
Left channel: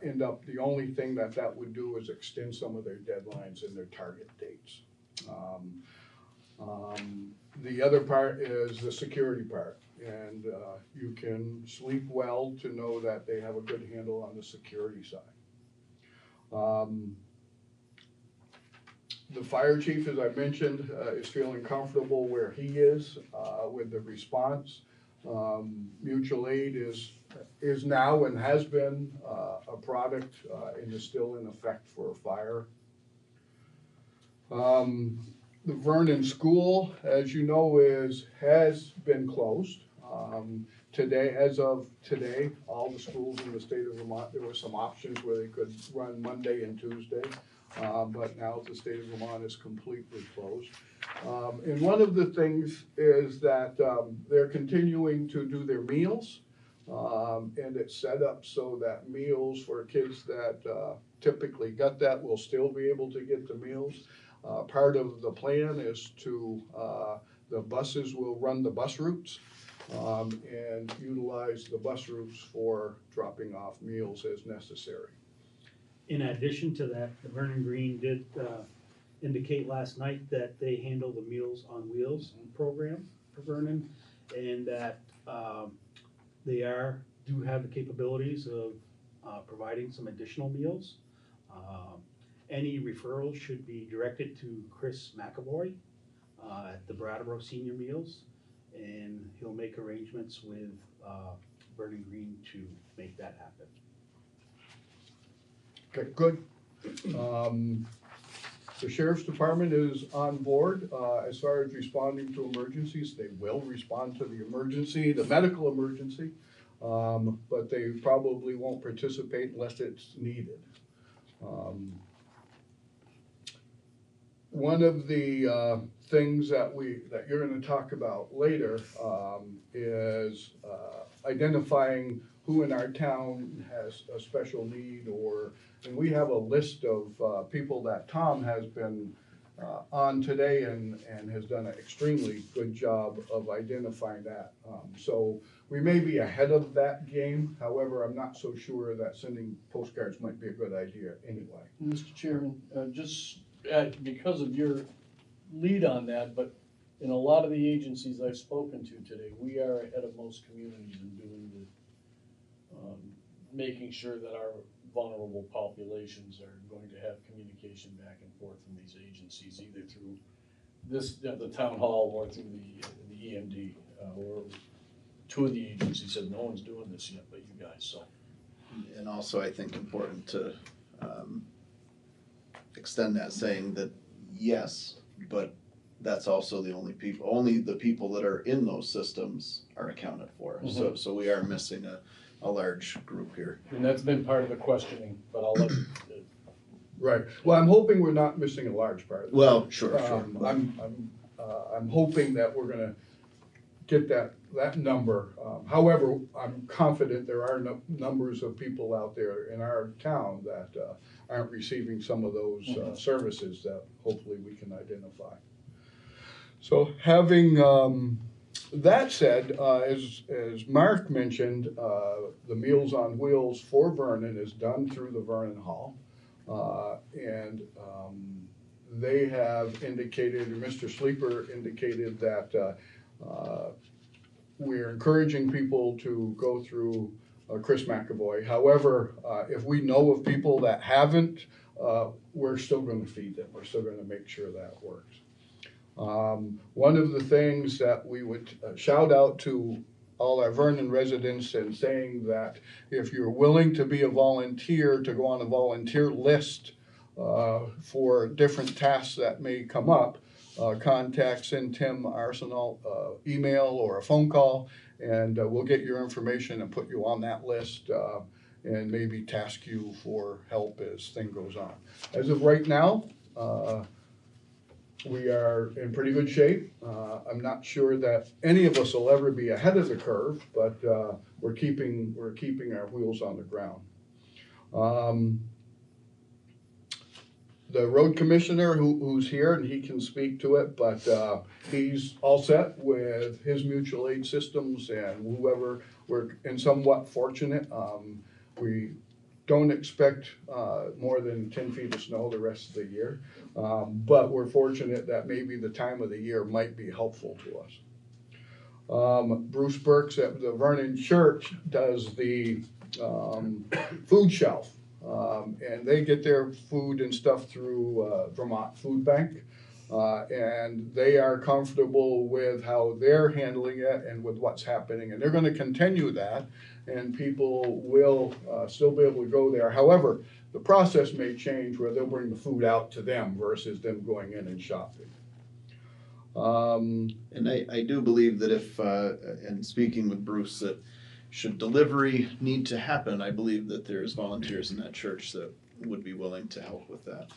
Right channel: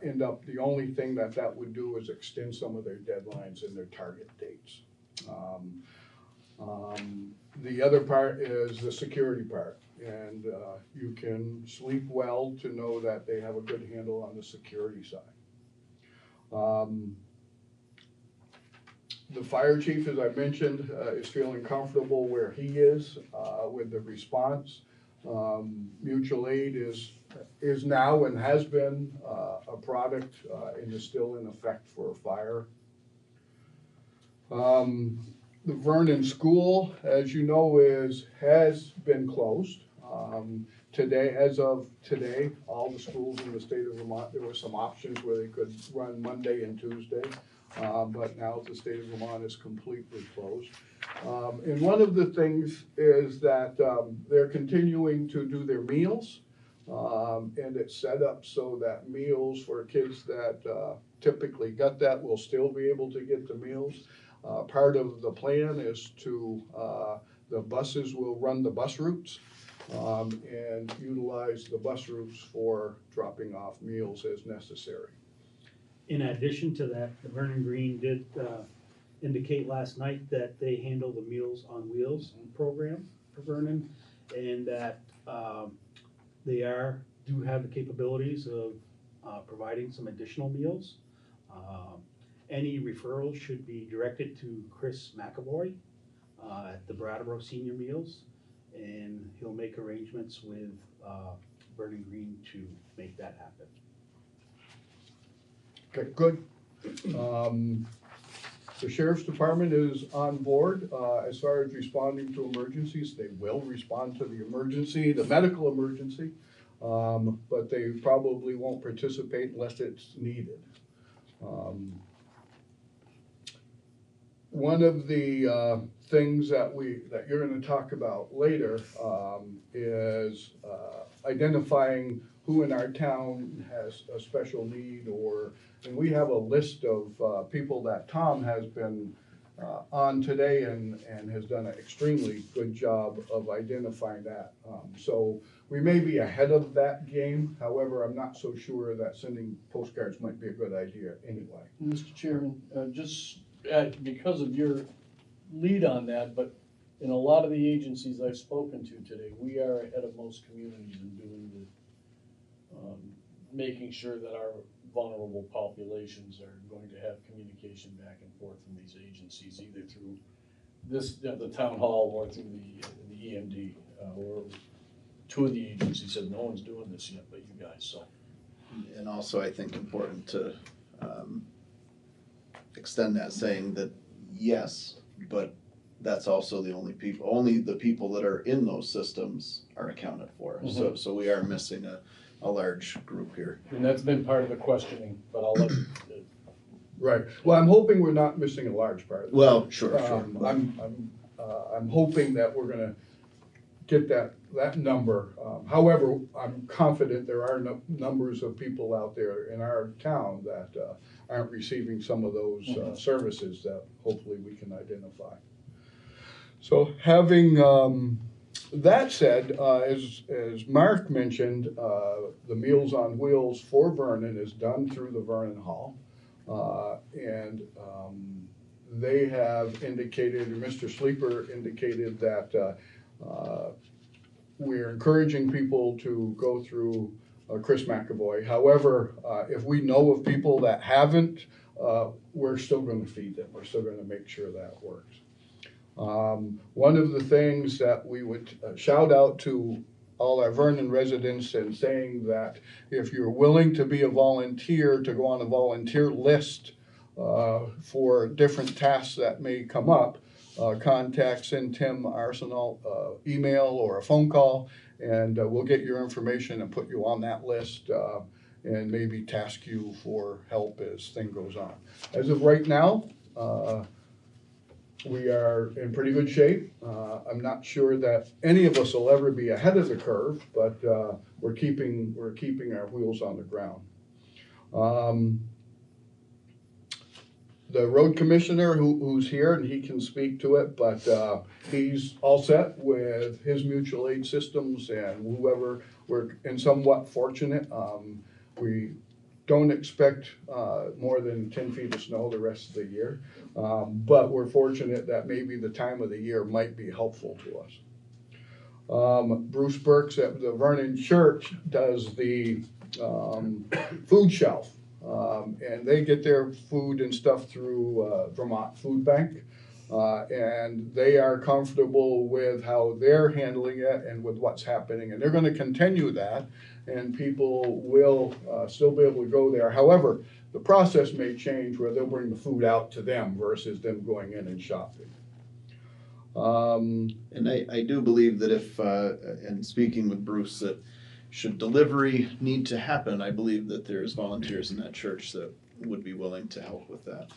end up, the only thing that would do is extend some of their deadlines and their target dates. The other part is the security part, and you can sleep well to know that they have a good handle on the security side. The fire chief, as I mentioned, is feeling comfortable where he is with the response. Mutual aid is now and has been a product and is still in effect for fire. The Vernon School, as you know, has been closed. Today, as of today, all the schools in the state of Vermont, there were some options where they could run Monday and Tuesday, but now the state of Vermont is completely closed. And one of the things is that they're continuing to do their meals, and it's set up so that meals for kids that typically get that will still be able to get the meals. Part of the plan is to, the buses will run the bus routes and utilize the bus routes for dropping off meals as necessary. In addition to that, the Vernon Green did indicate last night that they handle the Meals on Wheels program for Vernon, and that they do have the capabilities of providing some additional meals. Any referrals should be directed to Chris McAvoy at the Brattleboro Senior Meals, and he'll make arrangements with Vernon Green to make that happen. Okay, good. The Sheriff's Department is on board as far as responding to emergencies. They will respond to the emergency, the medical emergency, but they probably won't participate unless it's needed. One of the things that you're going to talk about later is identifying who in our town has a special need, and we have a list of people that Tom has been on today and has done an extremely good job of identifying that. So we may be ahead of that game. However, I'm not so sure that sending postcards might be a good idea anyway. Mr. Chairman, just because of your lead on that, but in a lot of the agencies I've spoken to today, we are ahead of most communities in doing the, making sure that our vulnerable populations are going to have communication back and forth from these agencies, either through the town hall or through the EMD, or two of the agencies said no one's doing this yet, but you guys, so. And also, I think important to extend that, saying that yes, but that's also only the people that are in those systems are accounted for. Mm-hmm. So we are missing a large group here. And that's been part of the questioning, but I'll let Right. Well, I'm hoping we're not missing a large part. Well, sure. I'm hoping that we're gonna get that number. However, I'm confident there are numbers of people out there in our town that aren't receiving some of those services that hopefully we can identify. So having that said, as Mark mentioned, the Meals on Wheels for Vernon is done through the Vernon Hall. And they have indicated, or Mr. Sleeper indicated that we're encouraging people to go through Chris McAvoy. However, if we know of people that haven't, we're still going to feed them. We're still going to make sure that works. One of the things that we would shout out to all our Vernon residents and saying that if you're willing to be a volunteer, to go on a volunteer list for different tasks that may come up, send Tim Arsenal email or a phone call, and we'll get your information and put you on that list and maybe task you for help as thing goes on. As of right now, we are in pretty good shape. I'm not sure that any of us will ever be ahead of the curve, but we're keeping our wheels on the ground. The road commissioner who's here, and he can speak to it, but he's all set with his mutual aid systems and whoever. We're in somewhat fortunate. We don't expect more than 10 feet of snow the rest of the year, but we're fortunate that maybe the time of the year might be helpful to us. Bruce Burks at the Vernon Church does the food shelf. And they get their food and stuff through Vermont Food Bank. And they are comfortable with how they're handling it and with what's happening. And they're going to continue that, and people will still be able to go there. However, the process may change where they'll bring the food out to them versus them going in and shopping. And I do believe that if, and speaking with Bruce, that should delivery need to happen, I believe that there's volunteers in that church that would be willing to help with that.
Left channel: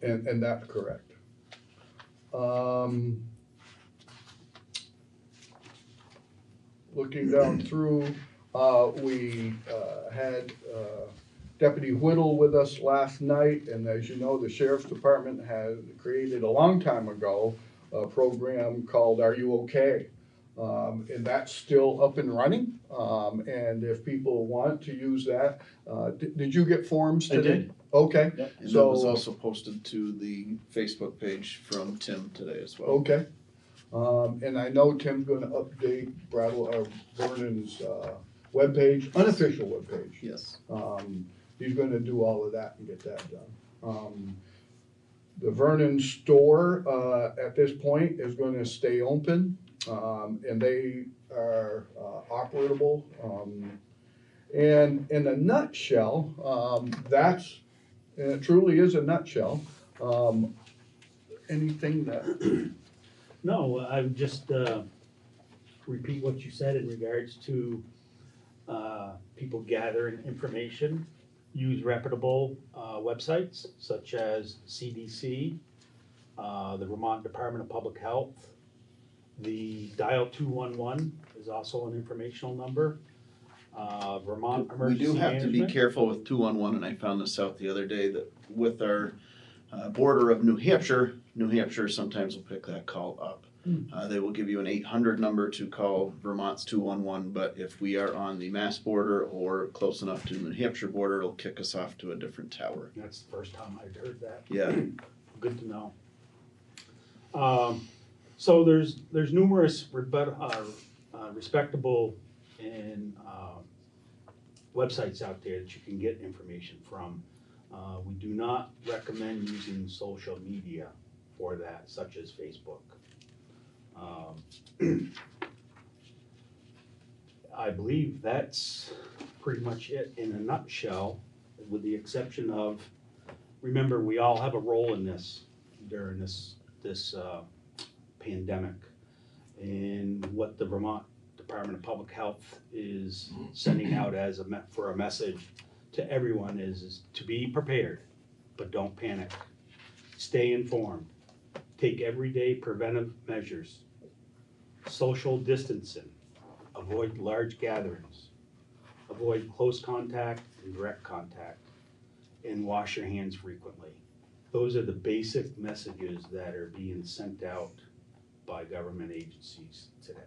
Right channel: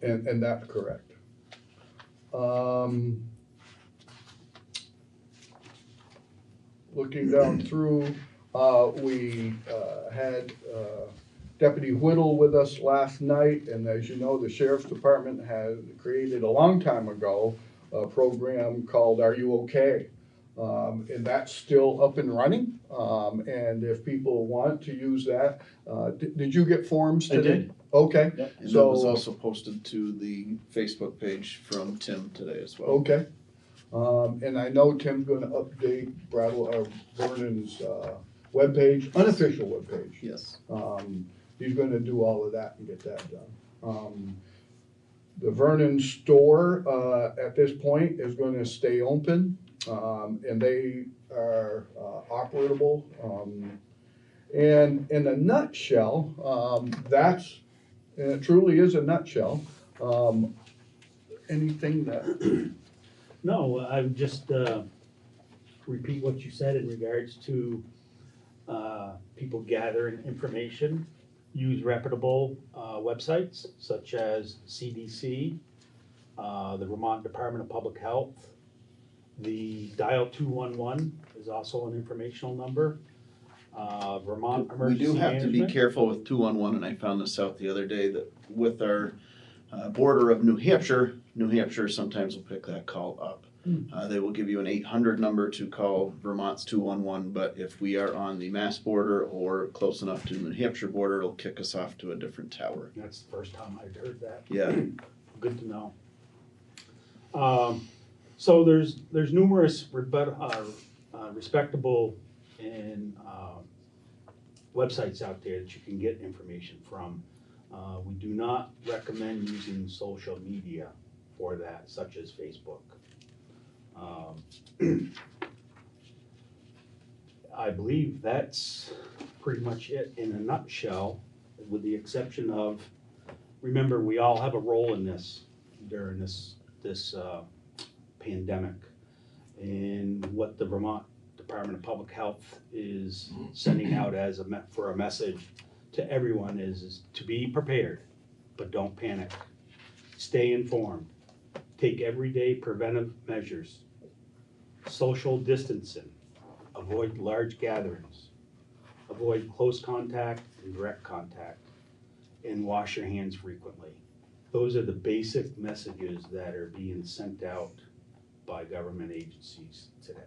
And that's correct. Looking down through, we had Deputy Whittle with us last night, and as you know, the Sheriff's Department had created a long time ago a program called Are You Okay? And that's still up and running. And if people want to use that, did you get forms today? I did. Okay. Yep. And So that was also posted to the Facebook page from Tim today as well. okay. And I know Tim's going to update Vernon's webpage, unofficial webpage. Yes. He's going to do all of that and get that done. The Vernon store at this point is going to stay open. And they are operable. And in a nutshell, and it truly is a nutshell. Anything that? No, I would just repeat what you said in regards to people gathering information. Use reputable websites such as CDC, the Vermont Department of Public Health. The dial 211 is also an informational number. Vermont Emergency We do have Management. to be careful with 211, and I found this out the other day, that with our border of New Hampshire sometimes will pick that call up. They will give you an 800 number to call Vermont's 211, but if we are on the Mass border or close enough to the New Hampshire border, it'll kick us off to a different tower. That's the first time I've heard that. Yeah. Good to know. So there's numerous respectable and websites out there that you can get information from. We do not recommend using social media for that, such as Facebook. I believe that's pretty much it in a nutshell, with the exception of, remember, we all have a role in this during this pandemic. And what the Vermont Department of Public Health is sending out as for a message to everyone is to be prepared, but don't panic. Stay informed. Take everyday preventive measures. Social distancing. Avoid large gatherings. Avoid close contact and direct contact. And wash your hands frequently. Those are the basic messages that are being sent out by government agencies today.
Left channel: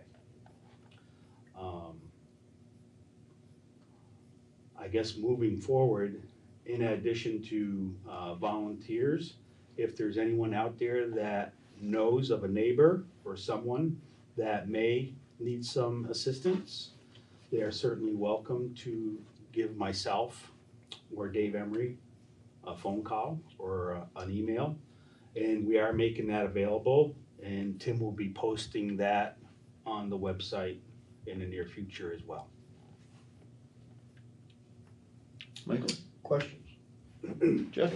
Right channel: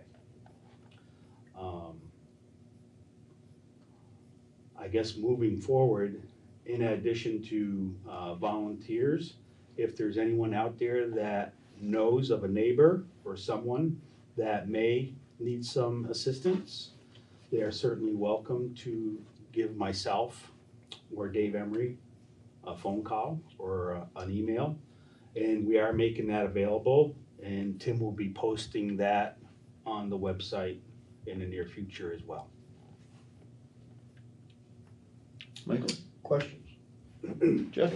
I guess moving forward, in addition to volunteers, if there's anyone out there that knows of a neighbor or someone that may need some assistance, they are certainly welcome to give myself or Dave Emery a phone call or an email, and we are making that available, and Tim will be posting that on the website in the near future as well. Michael? Questions? Jeff?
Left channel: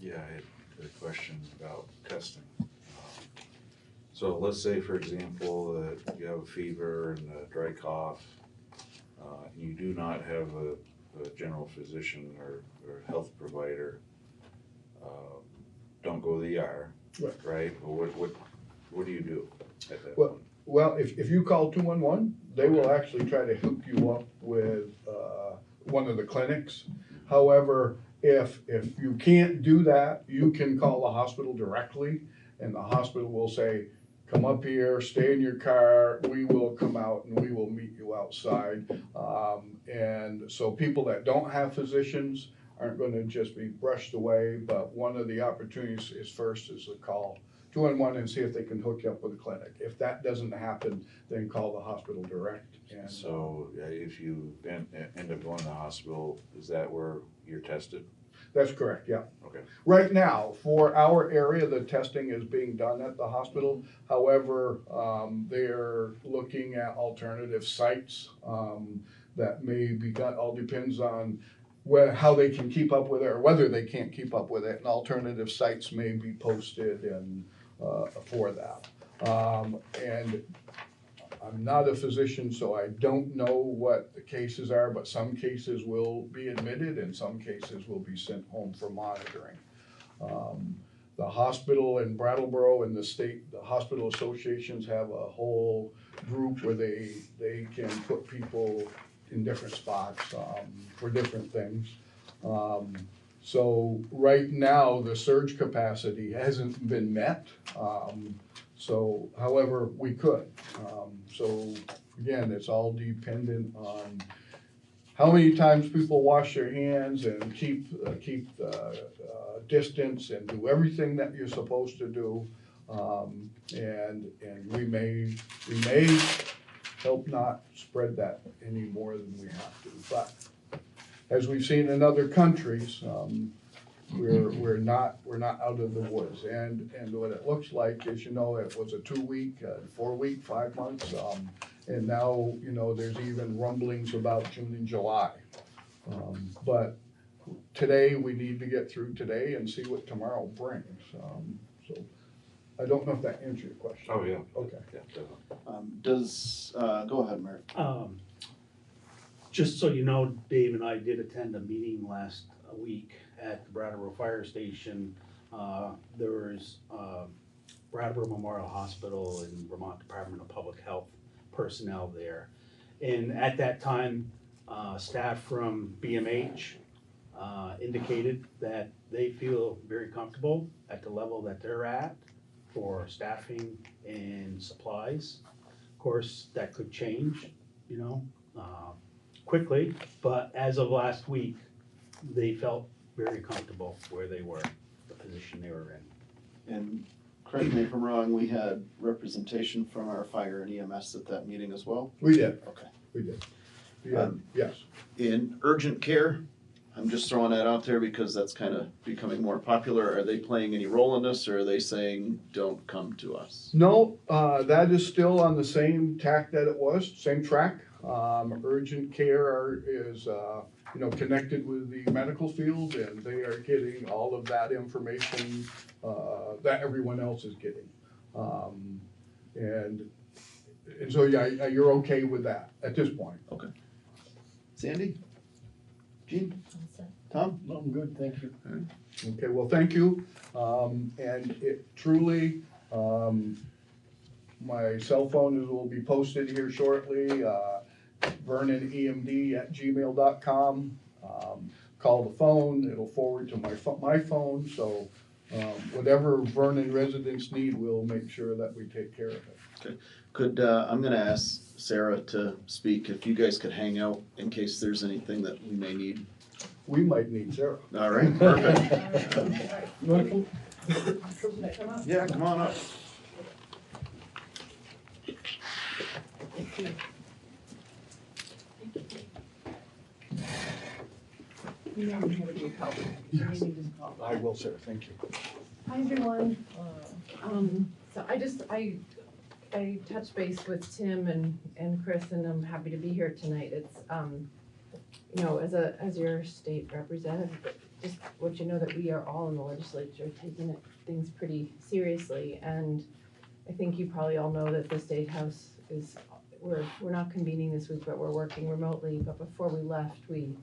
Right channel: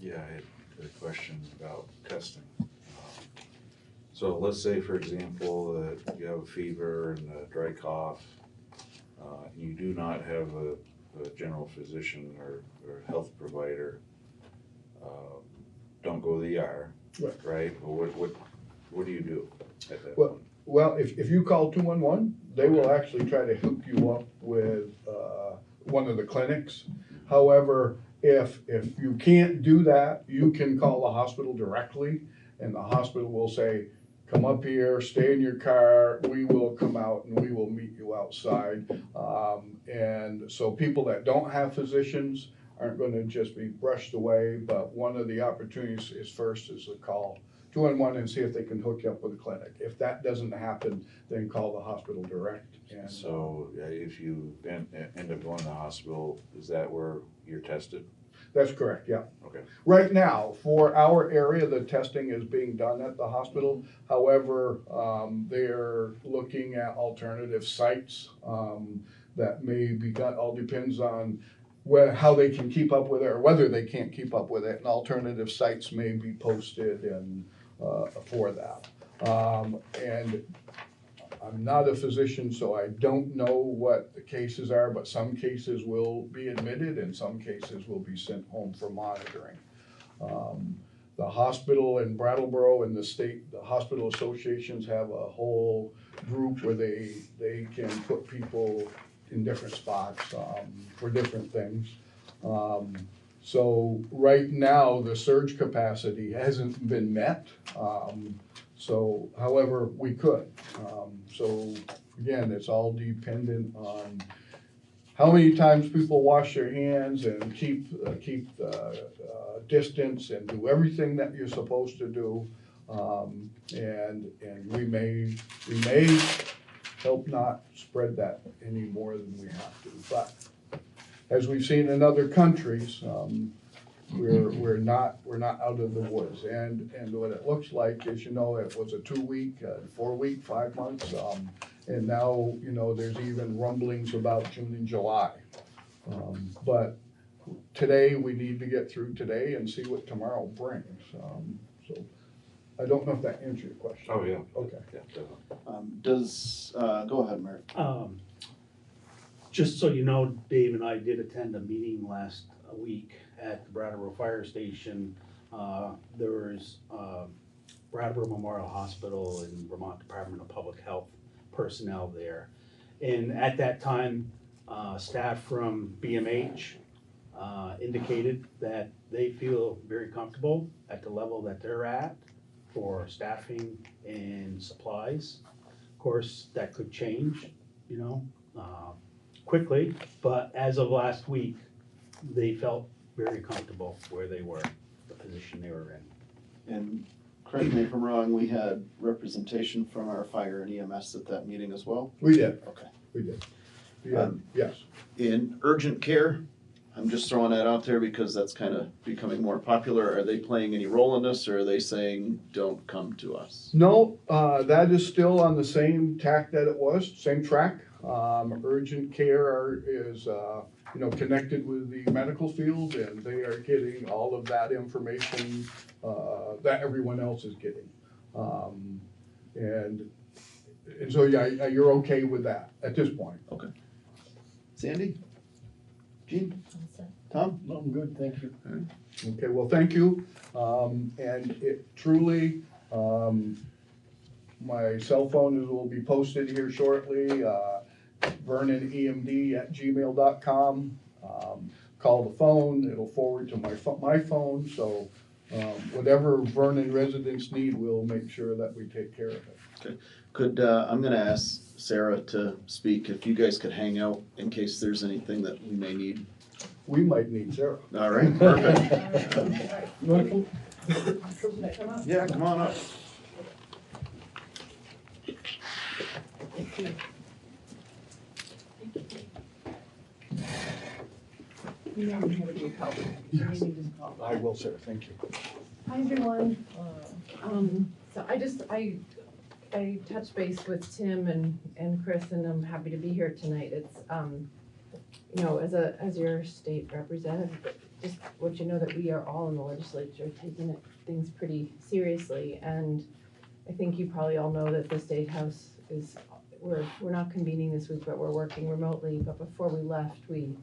Yeah, I had a question about testing. So let's say, for example, that you have a fever and a dry cough, you do not have a general physician or health provider, don't go to the ER. right? What do you do at that Well, point? Well, if you call 211, they will actually try to hook you up with one of the clinics. However, if you can't do that, you can call the hospital directly, and the hospital will say, come up here, stay in your car, we will come out and we will meet you outside. And so people that don't have physicians aren't gonna just be brushed away, but one of the opportunities is to call 211 and see if they can hook you up with a clinic. If that doesn't happen, then call the hospital direct. And So if you end up going to the hospital, is that where you're tested? that's correct, yeah. Okay. Right now, for our area, the testing is being done at the hospital. However, they're looking at alternative sites that may be done. All depends on how they can keep up with it or whether they can't keep up with it. And alternative sites may be posted and for that. And I'm not a physician, so I don't know what the cases are, but some cases will be admitted and some cases will be sent home for monitoring. The hospital in Brattleboro and the hospital associations have a whole group where they can put people in different spots for different things. So right now, the surge capacity hasn't been met. So, however, we could. So again, it's all dependent on how many times people wash their hands and keep distance and do everything that you're supposed to do. And we may help not spread that any more than we have to. But as we've seen in other countries, we're not out of the woods. And what it looks like is, it was a 2-week, 4-week, 5 months, and now, there's even rumblings about June and July. But today, we need to get through today and see what tomorrow brings. So I don't know if that answered your question. Oh, yeah. Okay. Yeah, definitely. Go ahead, Mary. Just so you know, Dave and I did attend a meeting last week at the Brattleboro Fire Station. There was Brattleboro Memorial Hospital and Vermont Department of Public Health personnel there. And at that time, staff from BMH indicated that they feel very comfortable at the level that they're at for staffing and supplies. Of course, that could change, quickly, but as of last week, they felt very comfortable where they were, the position they were in. And correct me if I'm wrong, we had representation from our fire and EMS at that meeting as well? We did. Okay. We did. Yeah, yes. In urgent care, I'm just throwing that out there because that's kind of becoming more popular. Are they playing any role in this, or are they saying, don't come to us? No, that is still on the same tack that it was, same track. Urgent care is, connected with the medical field, and they are getting all of that information that everyone else is getting. And so, yeah, you're okay with that at this point. Okay. Sandy? Gene? Tom? No, I'm good, thank you. Okay, well, thank you. And it truly, my cell phone will be posted here shortly. VernonEMD@gmail.com. Call the phone, it'll forward to my phone, so whatever Vernon residents need, we'll make sure that we take care of it. Okay. I'm gonna ask Sarah to speak, if you guys could hang out in case there's anything that we may need. We might need Sarah. All right, perfect. You wanna come? Yeah, come on up. Yes. I will, Sarah, thank you. Hi, everyone. So I touched base with Tim and Chris, and I'm happy to be here tonight. It's, as your state representative, just want you to know that we are all in the legislature taking things pretty seriously. And I think you probably all know that the State House we're not convening this week, but we're working remotely. But before we left, we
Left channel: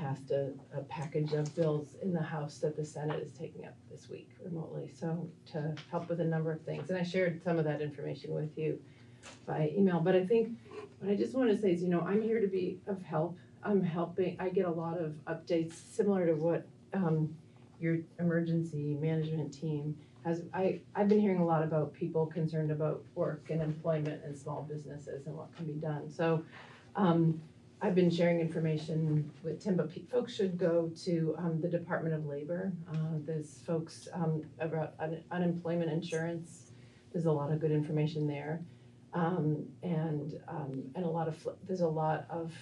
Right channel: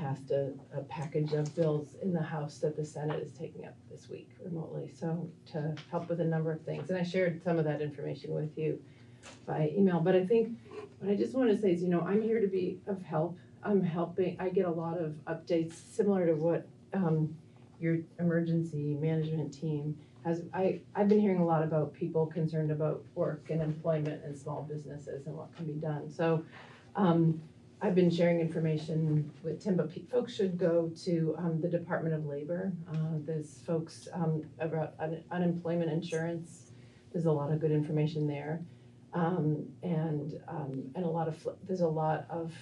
passed a package of bills in the House that the Senate is taking up this week remotely, so to help with a number of things. And I shared some of that information with you by email, but I think what I just want to say is, I'm here to be of help. I'm helping, I get a lot of updates similar to what your emergency management team has. I've been hearing a lot about people concerned about work and employment and small businesses and what can be done. So I've been sharing information with Tim, but folks should go to the Department of Labor. There's folks about unemployment insurance. There's a lot of good information there. And there's a lot of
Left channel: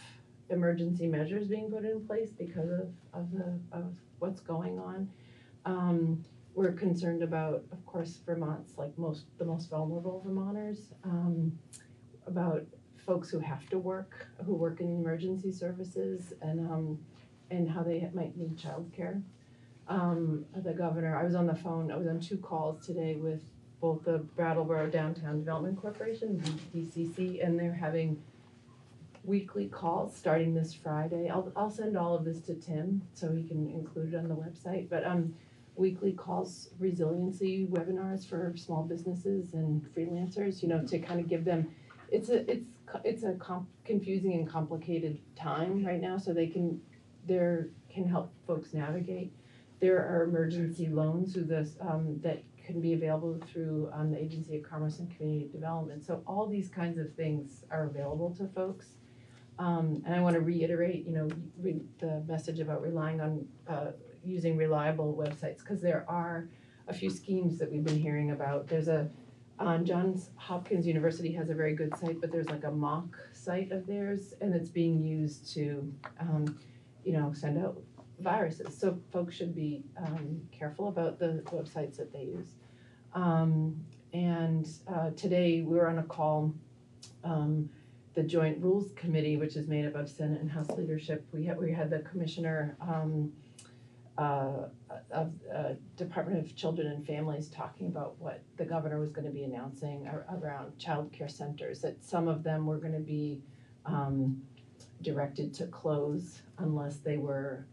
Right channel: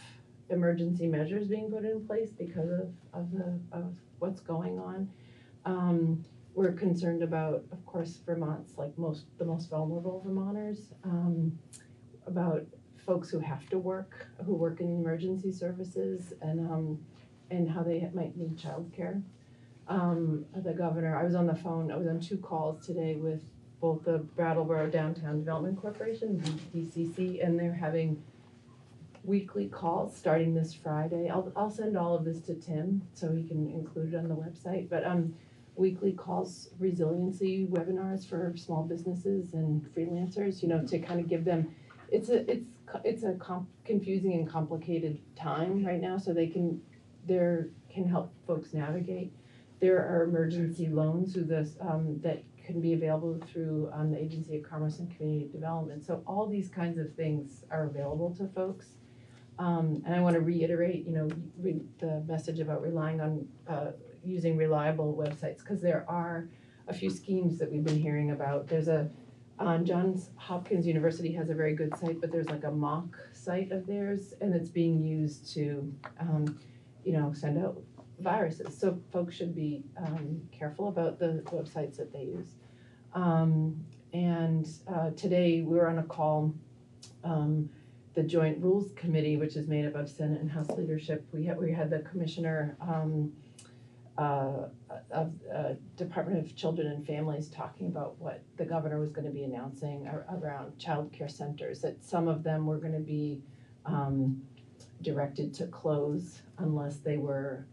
emergency measures being put in place because of what's going on. We're concerned about, of course, Vermont's like the most vulnerable Vermonters, about folks who have to work, who work in emergency services, and how they might need childcare. The governor, I was on 2 calls today with both the Brattleboro Downtown Development Corporation, DCC, and they're having weekly calls starting this Friday. I'll send all of this to Tim so he can include it on the website, but weekly calls, resiliency webinars for small businesses and freelancers, to kind of give them, it's a confusing and complicated time right now, so they can help folks navigate. There are emergency loans that can be available through the Agency of Commerce and Community Development. So all these kinds of things are available to folks. And I want to reiterate, the message about relying on using reliable websites, because there are a few schemes that we've been hearing about. There's Johns Hopkins University has a very good site, but there's like a mock site of theirs, and it's being used to, send out viruses. So folks should be careful about the websites that they use. Today we were on a call, the Joint Rules Committee, which is made up of Senate and House leadership. We had the commissioner of Department of Children and Families talking about what the governor was going to be announcing around child care centers, that some of them were going to be directed to close unless they were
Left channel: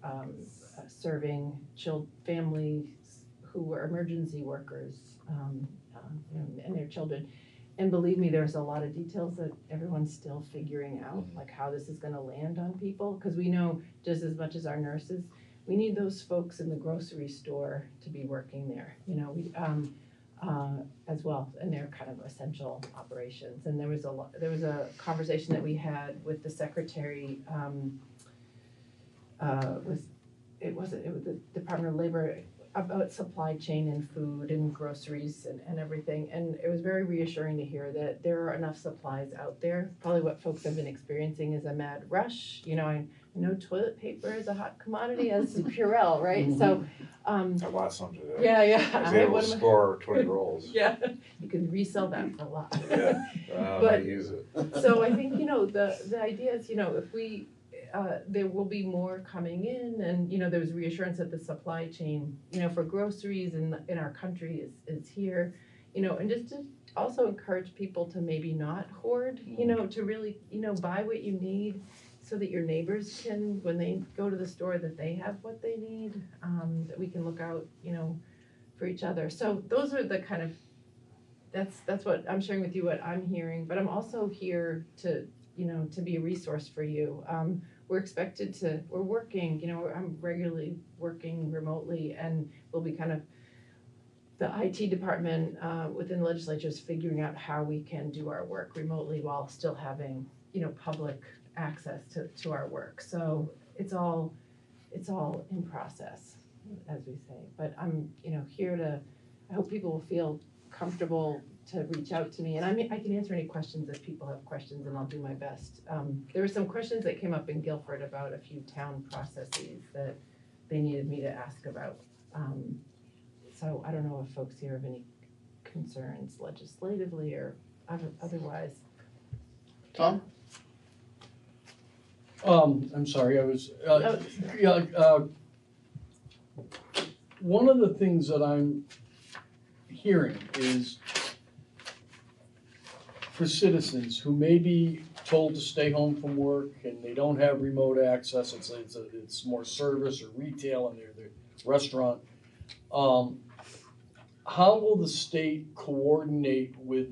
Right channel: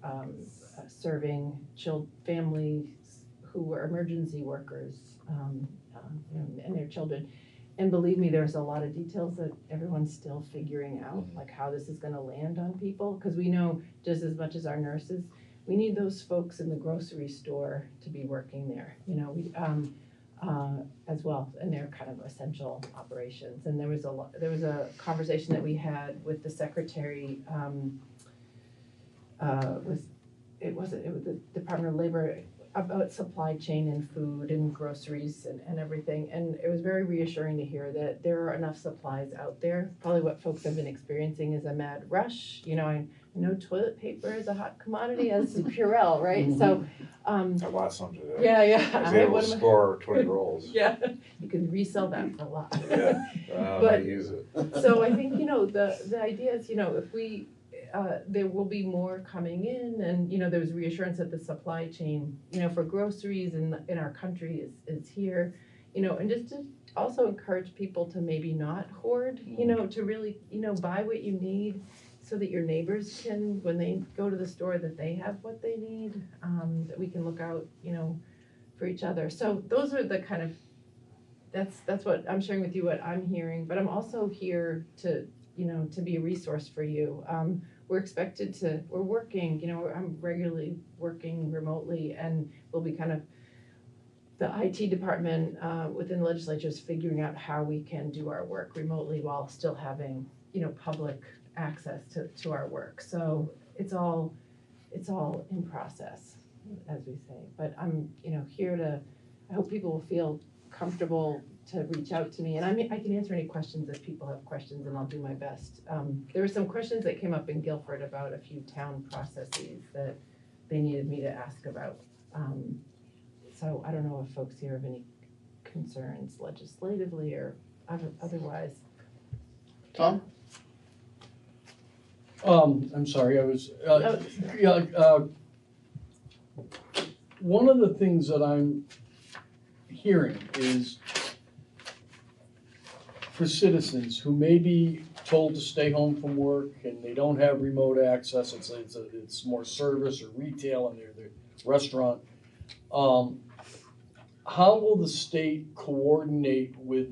serving families who were emergency workers and their children. And believe me, there's a lot of details that everyone's still figuring out, like how this is going to land on people, because we know just as much as our nurses, we need those folks in the grocery store to be working there, as well, and they're kind of essential operations. And there was a conversation that we had with the secretary, it was the Department of Labor, about supply chain and food and groceries and everything. And it was very reassuring to hear that there are enough supplies out there. Probably what folks have been experiencing is a mad rush. I know toilet paper is a hot commodity, as is Purell, right? Mm-hmm. So I bought some today. Yeah. I was able to score 20 rolls. Yeah, you can resell that for a lot. Yeah, but I use it. So I think, the idea is, if we, there will be more coming in, and, there's reassurance that the supply chain, for groceries in our country is here, and just to also encourage people to maybe not hoard, to really, buy what you need, so that your neighbors can, when they go to the store, that they have what they need, that we can look out, for each other. So those are the kind of, that's what I'm sharing with you, what I'm hearing, but I'm also here to be a resource for you. We're working, I'm regularly working remotely, and we'll be kind of, the IT department within the legislature is figuring out how we can do our work remotely while still having, public access to our work. So it's all in process, as we say. But I'm, here to, I hope people will feel comfortable to reach out to me, and I can answer any questions if people have questions, and I'll do my best. There were some questions that came up in Guilford about a few town processes that they needed me to ask about. So I don't know if folks here have any concerns legislatively or otherwise. Tom? I'm sorry, I was, one of the things that I'm hearing is for citizens who maybe told to stay home from work and they don't have remote access, it's more service or retail and they're restaurant. How will the state coordinate with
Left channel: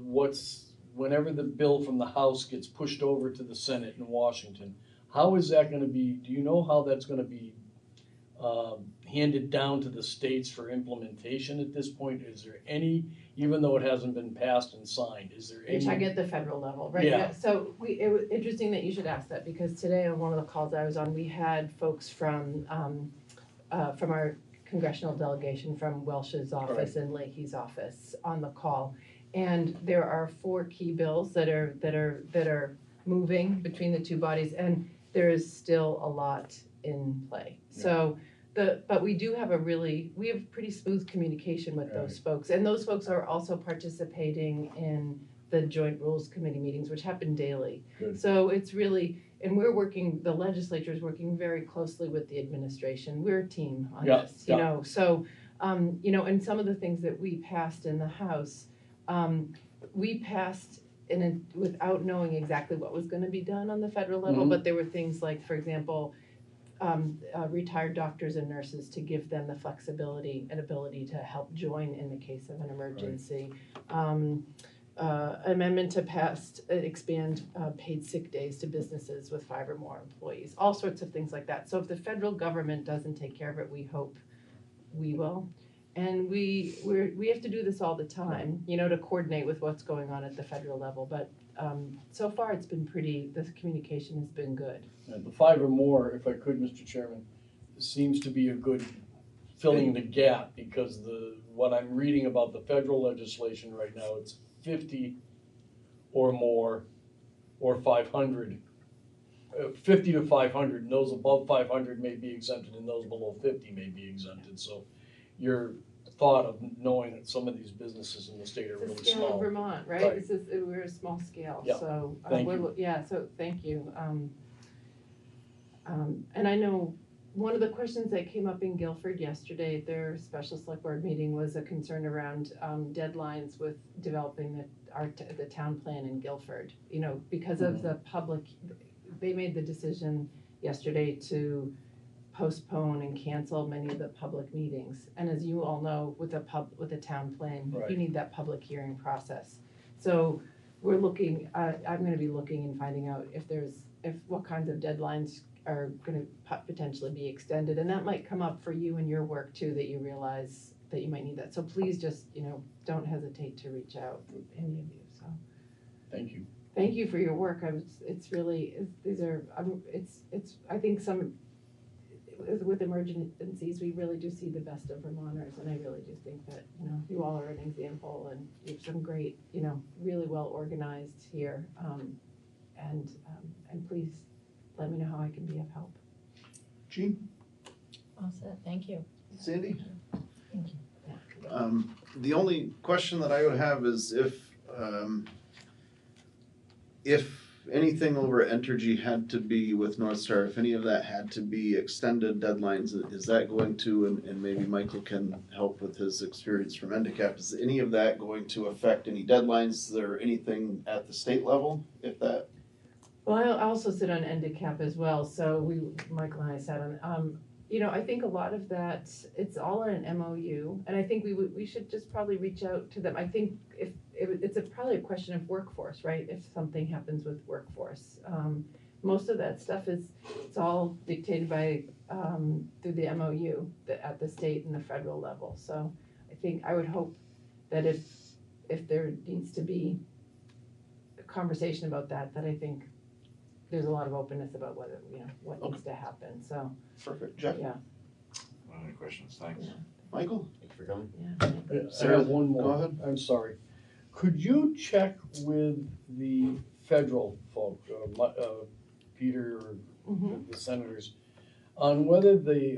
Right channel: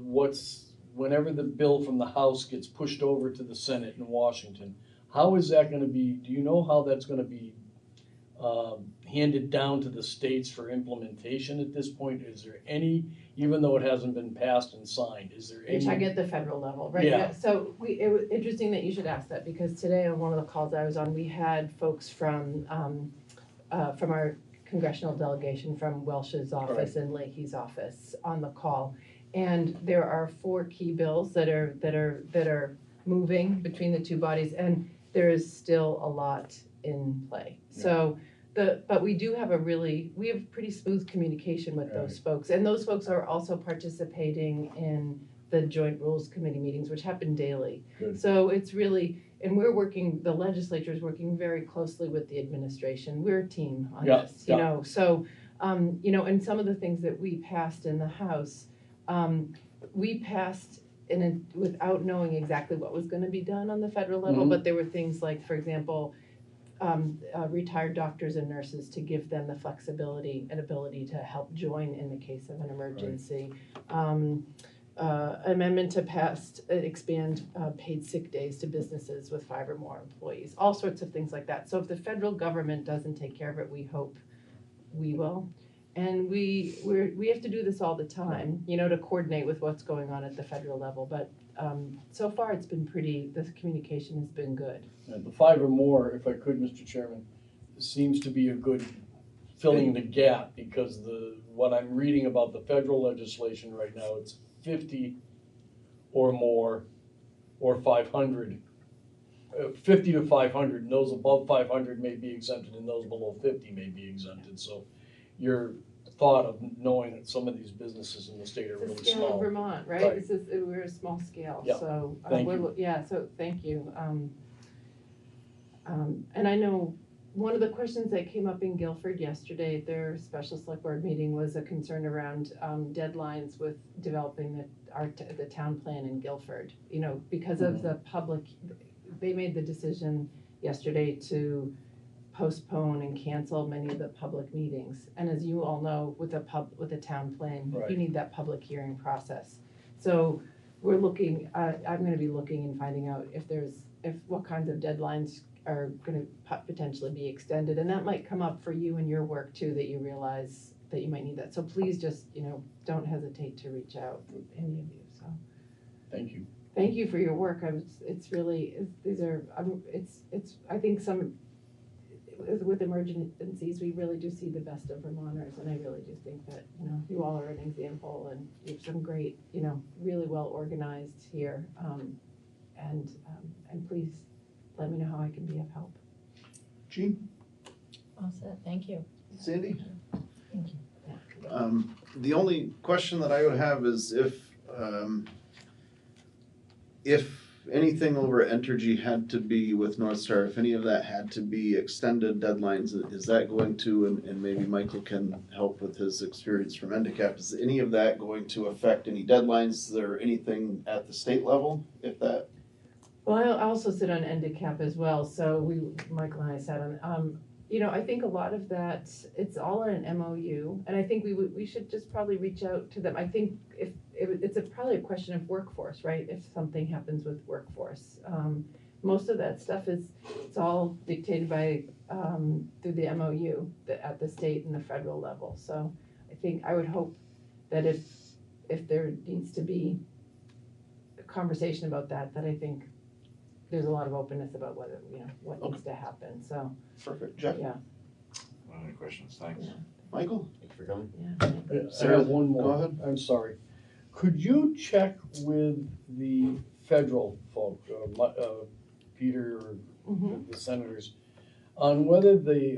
whenever the bill from the House gets pushed over to the Senate in Washington? How is that gonna be, do you know how that's gonna be handed down to the states for implementation at this point? Is there any, even though it hasn't been passed and signed, is there any? Which I get at the federal level, right? Yeah. So it was interesting that you should ask that, because today on one of the calls I was on, we had folks from our congressional delegation from Welsh's office and Leahy's office on the call. And there are 4 key bills that are moving between the two bodies, and there is still a lot in play. So but we do have we have pretty smooth communication with those folks, and those folks are also participating in the Joint Rules Committee meetings, which happen daily. Good. So it's really, and the legislature is working very closely with the administration. We're a team on this, you know. So, you know, and some of the things that we passed in the House, we passed without knowing exactly what was going to be done on the federal level, but there were things like, for example, retired doctors and nurses, to give them the flexibility and ability to help join in the case of an emergency. Amendment to expand paid sick days to businesses with 5 or more employees, all sorts of things like that. So if the federal government doesn't take care of it, we hope we will. And we have to do this all the time, you know, to coordinate with what's going on at the federal level. But so far it's been the communication has been good. The 5 or more, if I could, Mr. Chairman, seems to be a good filling the gap, because what I'm reading about the federal legislation right now, it's 50 or more, or 500. 50 to 500, and those above 500 may be exempted, and those below 50 may be exempted. So your thought of knowing that some of these businesses in the state are really It's the scale small. of Vermont, right? We're a small scale, Yeah. so Thank you. so thank you. And I know one of the questions that came up in Guilford yesterday at their special select board meeting was a concern around deadlines with developing the town plan in Guilford. You know, because of the public, they made the decision yesterday to postpone and cancel many of the public meetings. And as you all know, with a town plan, you need that public hearing process. So we're looking, I'm gonna be looking and finding out what kinds of deadlines are gonna potentially be extended. And that might come up for you in your work too, that you realize that you might need that. So please just, you know, don't hesitate to reach out, any of you, so. Thank you. Thank you for your work. I think with emergencies, we really do see the best of Vermonters, and I really do think that, you know, you all are an example, and you have some great, you know, really well organized here. And please let me know how I can be of help. Jean? All set, thank you. Sandy? Thank you. The only question that I would have is if anything over Entergy had to be with North Star, if any of that had to be extended deadlines, is that going to, and maybe Michael can help with his experience from Endicap, is any of that going to affect any deadlines? Is there anything at the state level, if that? Well, I also sit on Endicap as well, so Michael and I sat on, you know, I think a lot of that, it's all in an MOU, and I think we should just probably reach out to them. I think it's probably a question of workforce, right? If something happens with workforce. Most of that stuff it's all dictated by, through the MOU at the state and the federal level. So I would hope that if there needs to be a conversation about that I think there's a lot of openness about what needs to happen, so. Perfect. Jeff? Yeah. Any questions? Thanks. Michael? Thanks for coming. Yeah. I have one more. Go ahead. I'm sorry. Could you check with the federal folk, Peter or the senators, on whether the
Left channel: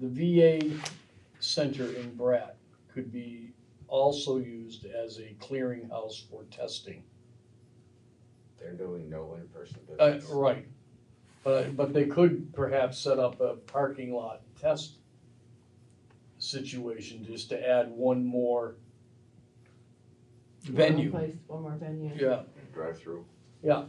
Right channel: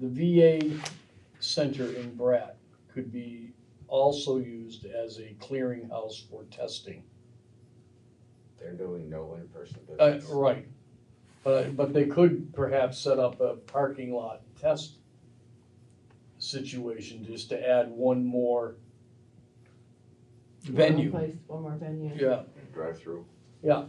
VA center in Bratt could be also used as a clearinghouse for testing? They're doing no in-person business. Right. But they could perhaps set up a parking lot test situation just to add one more venue. One more venue. Yeah. Drive-through. Do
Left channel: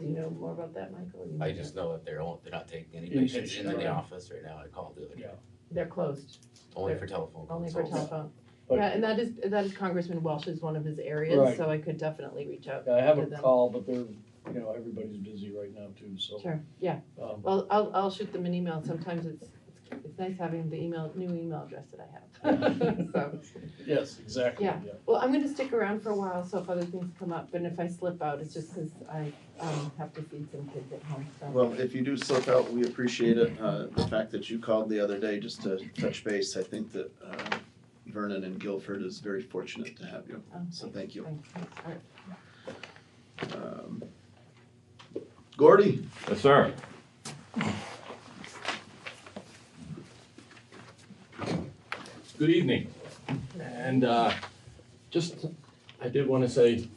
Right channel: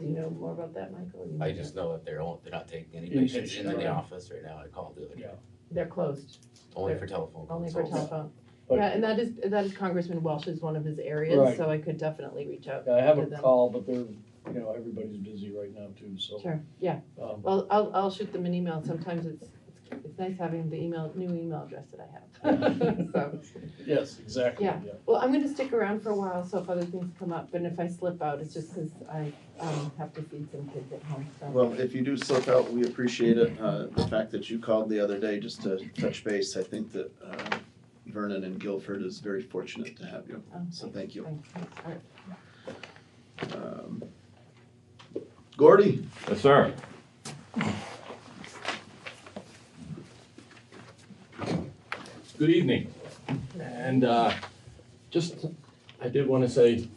you know more about that, Michael? You I know just know that they're not taking any Inpatient, patients in the right. office right now. I called it. Yeah. They're closed. Only for telephone. Only for consults. telephone. But- Yeah, and that is Congressman Welsh's one of his areas, Right. so I could definitely reach out Yeah, I have to a them. call, but they're, everybody's busy right now too, so. Sure, yeah. Well, I'll shoot them an email. Sometimes it's nice having the new email address that I have. So, Yes, exactly, yeah. Well, I'm gonna stick around for a while, so if other things come up, and if I slip out, it's just because I have to feed some kids at home, so. Well, if you do slip out, we appreciate it. The fact that you called the other day just to touch base, I think that Vernon and Guilford is very fortunate to have you. So thank you. Thanks. All right. Gordy? Yes, sir. Good evening. And I did want to say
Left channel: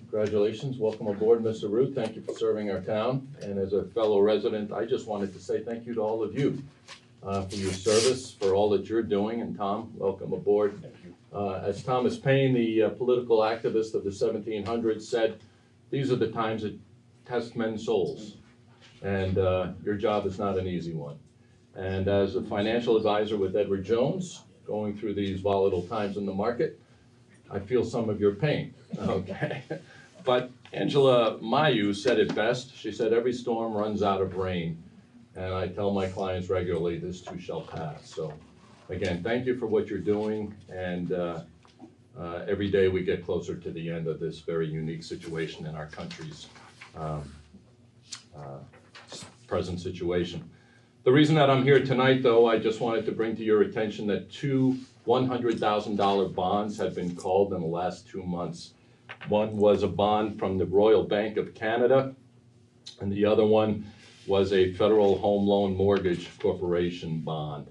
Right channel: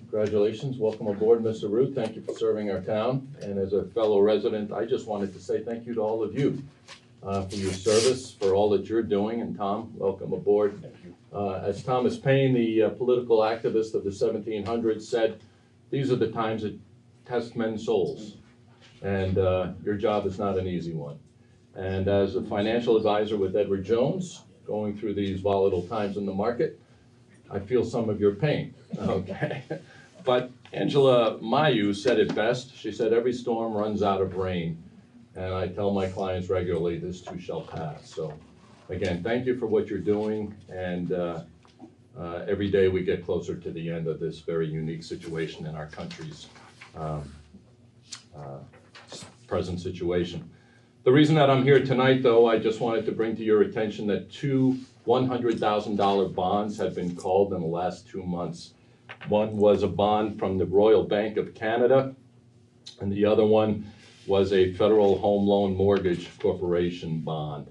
congratulations, welcome aboard, Mr. Root. Thank you for serving our town. And as a fellow resident, I just wanted to say thank you to all of you for your service, for all that you're doing. And Tom, welcome aboard. As Thomas Paine, the political activist of the 1700s, said, these are the times that test men's souls. And your job is not an easy one. And as a financial advisor with Edward Jones, going through these volatile times in the market, I feel some of your pain, okay? But Angela Mayu said it best. She said, every storm runs out of rain. And I tell my clients regularly, this too shall pass. So again, thank you for what you're doing. And every day we get closer to the end of this very unique situation in our country's present situation. The reason that I'm here tonight, though, I just wanted to bring to your attention that two $100,000 bonds have been called in the last 2 months. One was a bond from the Royal Bank of Canada, and the other one was a Federal Home Loan Mortgage Corporation bond.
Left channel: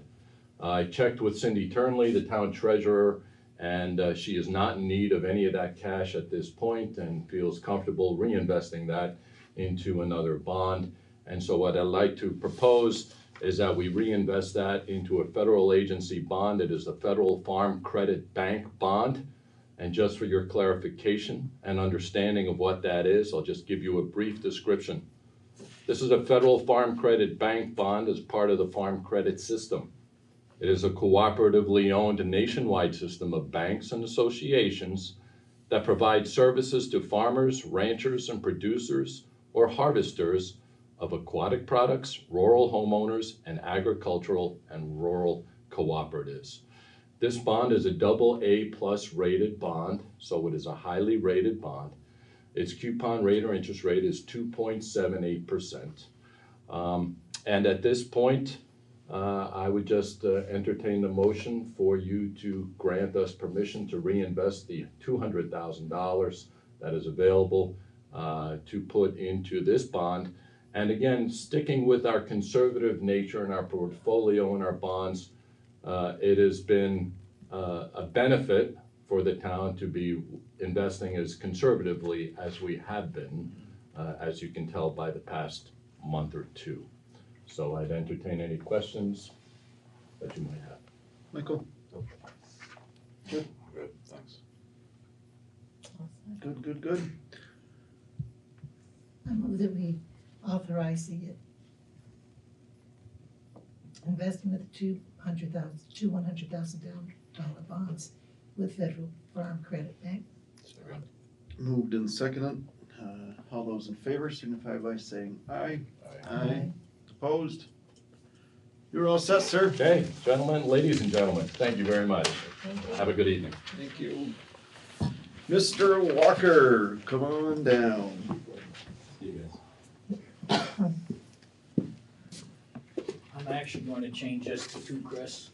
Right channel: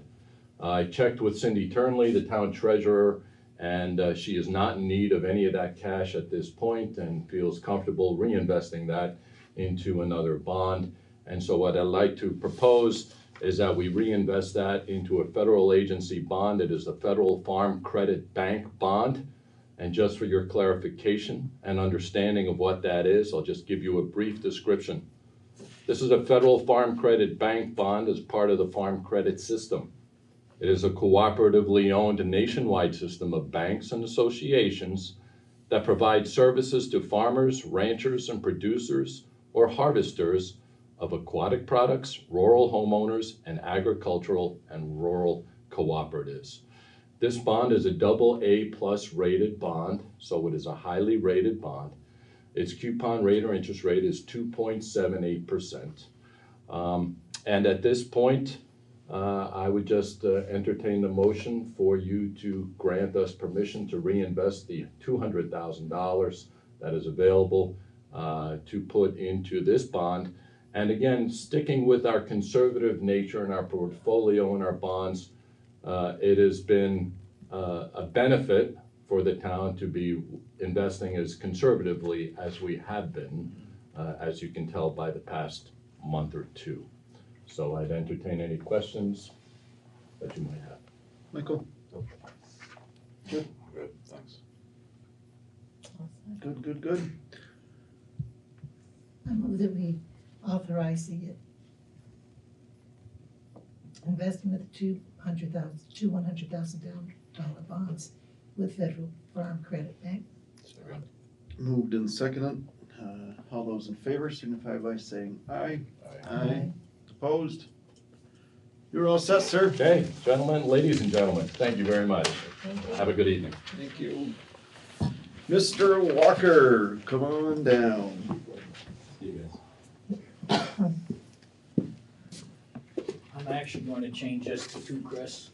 I checked with Cindy Turnley, the town treasurer, and she is not in need of any of that cash at this point and feels comfortable reinvesting that into another bond. And so what I'd like to propose is that we reinvest that into a federal agency bond. It is the Federal Farm Credit Bank bond. And just for your clarification and understanding of what that is, I'll just give you a brief description. This is a Federal Farm Credit Bank bond as part of the Farm Credit System. It is a cooperatively owned nationwide system of banks and associations that provide services to farmers, ranchers, and producers or harvesters of aquatic products, rural homeowners, and agricultural and rural cooperatives. This bond is a AA+ rated bond, so it is a highly rated bond. Its coupon rate or interest rate is 2.78%. And at this point, I would just entertain the motion for you to grant us permission to reinvest the $200,000 that is available to put into this bond. And again, sticking with our conservative nature in our portfolio and our bonds, it has been a benefit for the town to be investing as conservatively as we have been, as you can tell by the past month or two. So I'd entertain any questions that you might have. Michael? Good, thanks. Good. I move that we authorize the investment of two $100,000 bonds with Federal Farm Credit Bank. Moved and seconded. All those in favor signify by saying aye. Aye. Opposed? You're all set, sir. Okay, gentlemen, ladies and gentlemen, thank you very much. Have a good evening. Thank you. Mr. Walker, come on down. I'm actually going to change this to Chris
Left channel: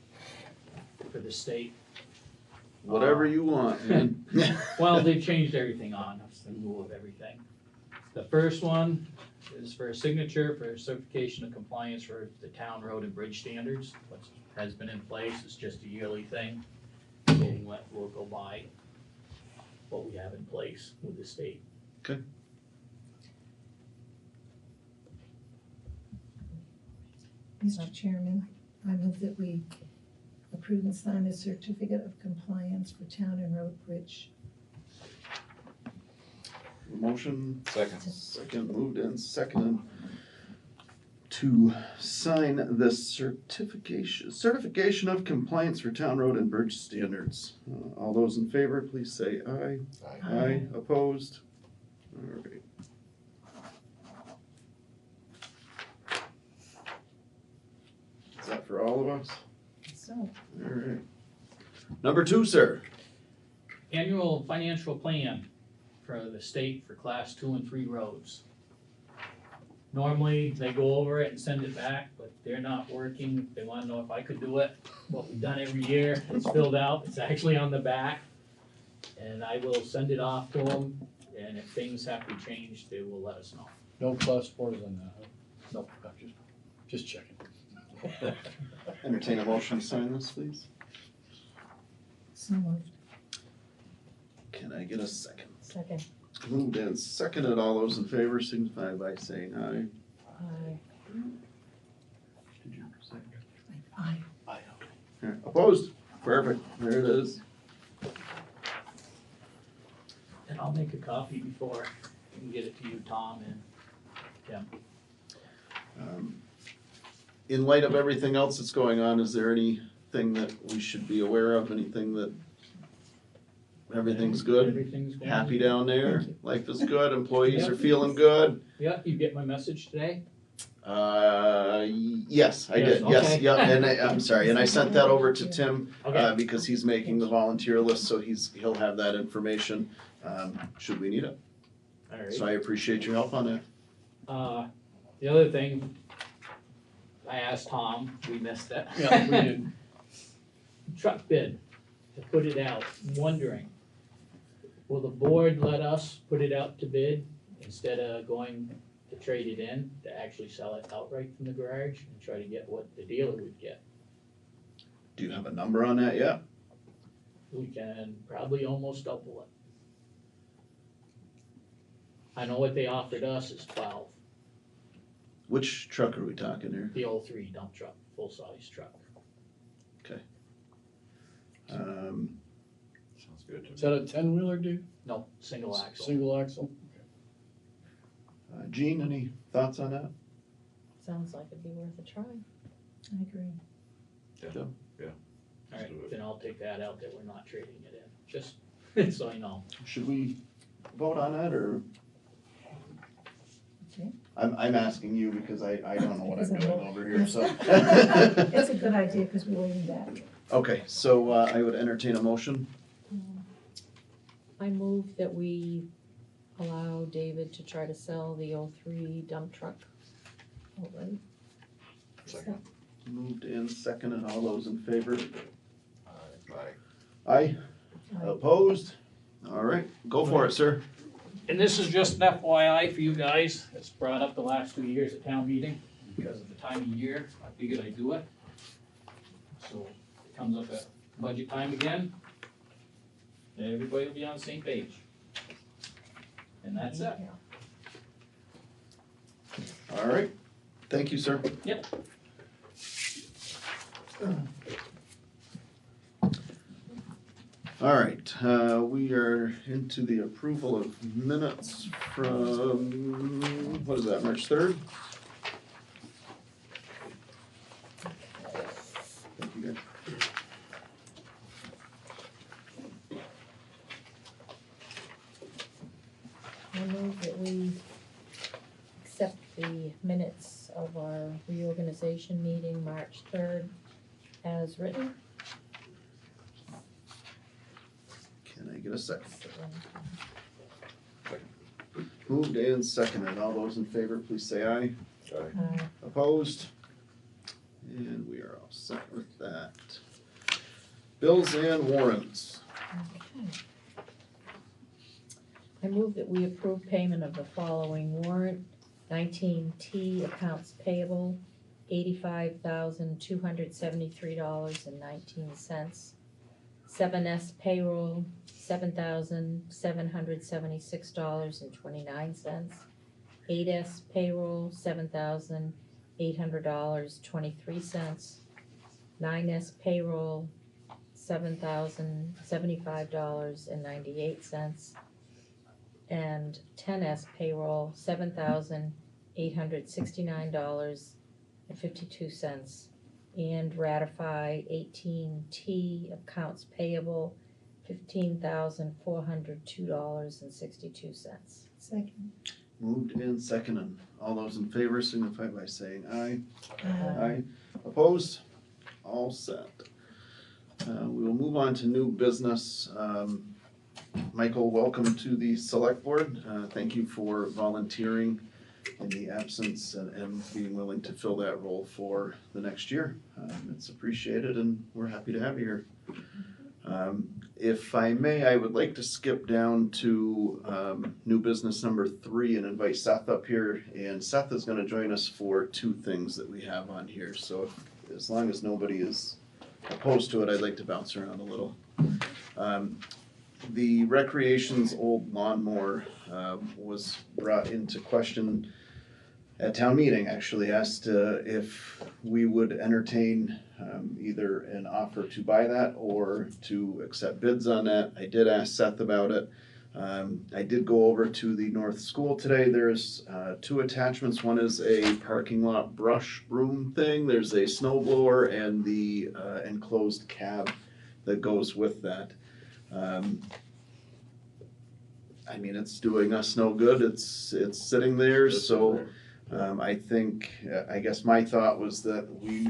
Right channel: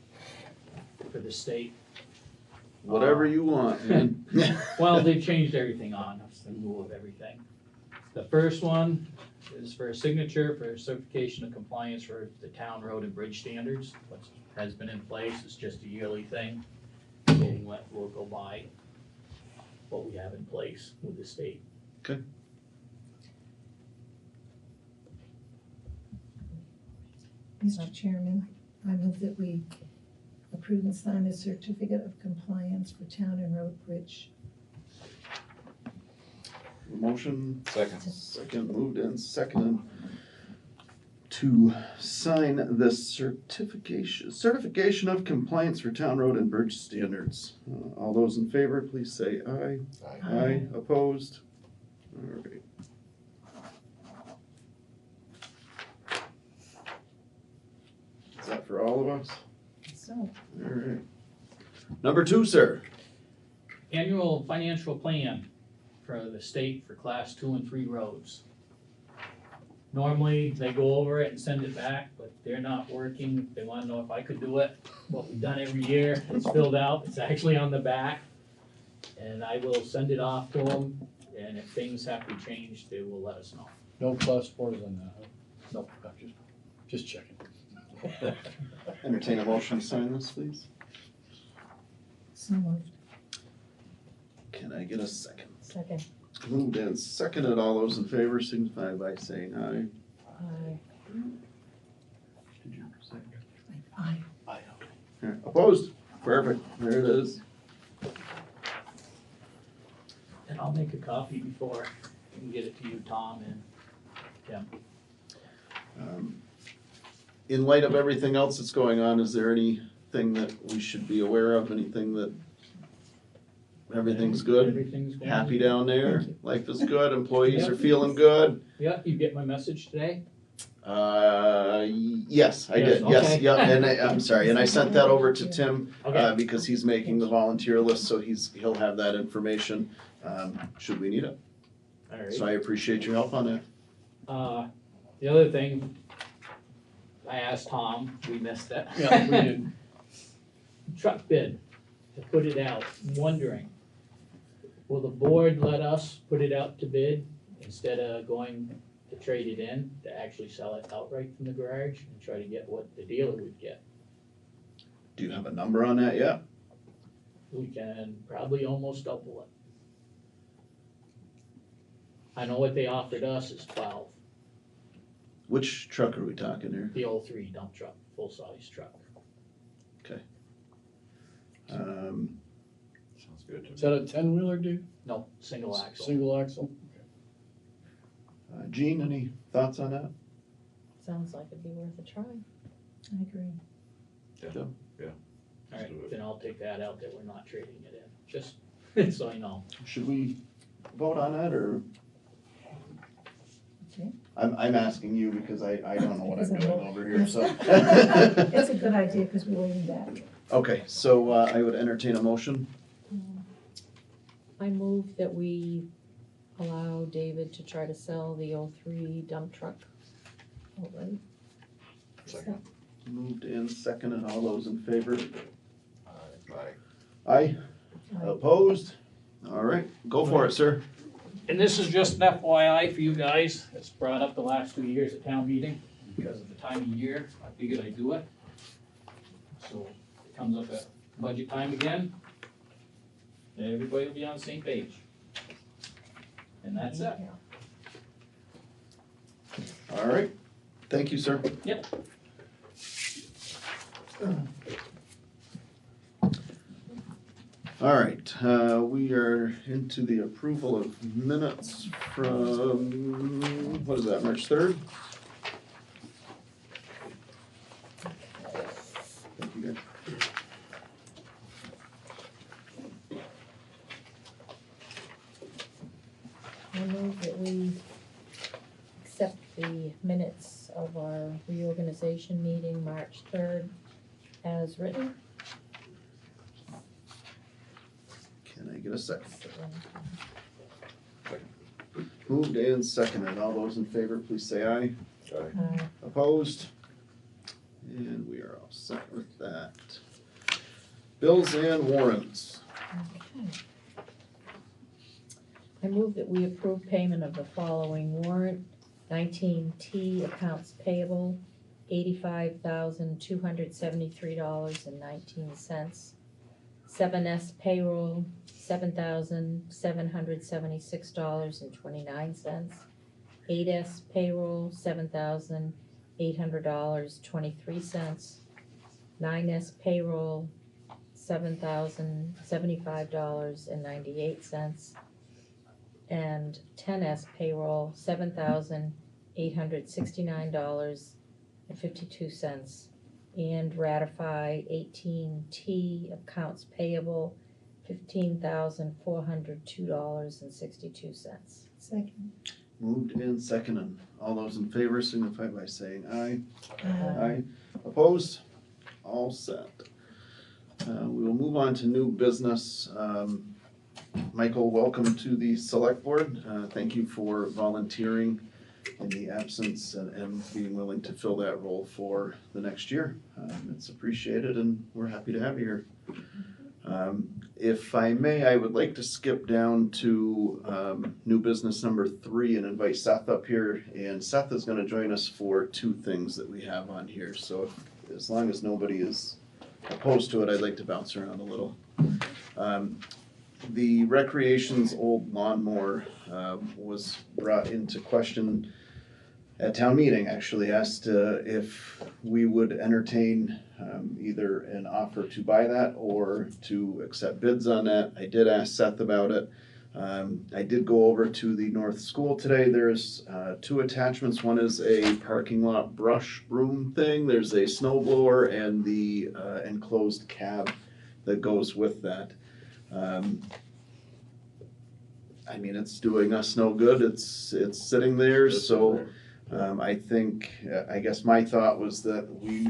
for the state. Whatever you want, man. Well, they've changed everything on us, the rule of everything. The first one is for a signature for certification of compliance for the town road and bridge standards. What has been in place is just a yearly thing. We'll go by what we have in place with the state. Okay. Mr. Chairman, I move that we approve and sign a certificate of compliance for town and road bridge Motion? Second. Moved and seconded to sign the certification of compliance for town road and bridge standards. All those in favor, please say aye. Aye. Opposed? All right. Is that for all of us? So, All right. Number 2, sir. Annual financial plan for the state for class 2 and 3 roads. Normally, they go over it and send it back, but they're not working. They wanna know if I could do it. What we've done every year, it's filled out, it's actually on the back. And I will send it off to them, and if things have to change, they will let us know. No class 4s on that, huh? Nope. Just checking. Entertain a motion to sign this, please. so moved. Can I get a second? Second. Moved and seconded. All those in favor signify by saying aye. Aye. Did you say? Aye. Aye. Okay. Opposed? Perfect. There it is. And I'll make a copy before I can get it to you, Tom and Tim. In light of everything else that's going on, is there anything that we should be aware of? Anything that, everything's good? Everything's going. Happy down there? Life is good? Employees are feeling good? Yeah, you get my message today? Yes, I did. Yes, okay. yeah, and I'm sorry, and I sent that over to Tim, Okay. because he's making the volunteer list, so he'll have that information, should we need it. All right. So I appreciate your help on that. The other thing, I asked Tom, we missed it. Yeah, we did. Truck bid, to put it out, I'm wondering, will the board let us put it out to bid instead of going to trade it in, to actually sell it outright from the garage and try to get what the dealer would get? Do you have a number on that yet? We can probably almost double it. I know what they offered us is 12, Which truck are we talking here? the 03 dump truck, full-size truck. Sounds good to me. Is that a 10-wheeler, dude? No, single axle. Single axle? Gene, any thoughts on that? Sounds like it'd be worth a try. I agree. All right, do it. then I'll take that out that we're not trading it in, just so I know. Should we vote on that, or? Okay. I'm asking you because I don't know what I'm doing over here, so. It's a good idea, because we're waiting back. Okay, so I would entertain a motion. I move that we allow David to try to sell the 03 dump truck outright. Second. Moved and seconded. All those in favor? Aye. Aye. Opposed? All right, go for it, sir. And this is just an FYI for you guys, it's brought up the last 2 years at town meeting, because of the time of year, I figured I'd do it. So, it comes up at budget time again, and everybody will be on the same page. And that's it. All right, thank you, sir. Yep. All right, we are into the approval of minutes from, what is that, March 3rd? Thank you, guys. I move that we accept the minutes of our reorganization meeting, March 3rd, as written. Can I get a second? Moved and seconded. All those in favor, please say aye. Aye. Opposed? And we are all set with that. Bills and warrants. Okay. I move that we approve payment of the following warrant. 19T accounts payable, $85,273.19. 7S payroll, $7,776.29. 8S payroll, $7,800.23. 9S payroll, $7,075.98. and 10S payroll, $7,869.52. And ratify 18T accounts payable, $15,402.62. Second. Moved and seconded. All those in favor signify by saying aye. Aye. Opposed? All set. We will move on to new business. Michael, welcome to the select board. Thank you for volunteering in the absence and being willing to fill that role for the next year. It's appreciated and we're happy to have you here. If I may, I would like to skip down to new business number 3 and invite Seth up here. And Seth is going to join us for 2 things that we have on here. So as long as nobody is opposed to it, I'd like to bounce around a little. The recreation's old lawnmower was brought into question at town meeting. Actually asked if we would entertain either an offer to buy that or to accept bids on that. I did ask Seth about it. I did go over to the North School today. There's 2 attachments. One is a parking lot brush broom thing. There's a snow blower and the enclosed cab that goes with that. I mean, it's doing us no good. It's sitting there, so I think, I guess my thought was that we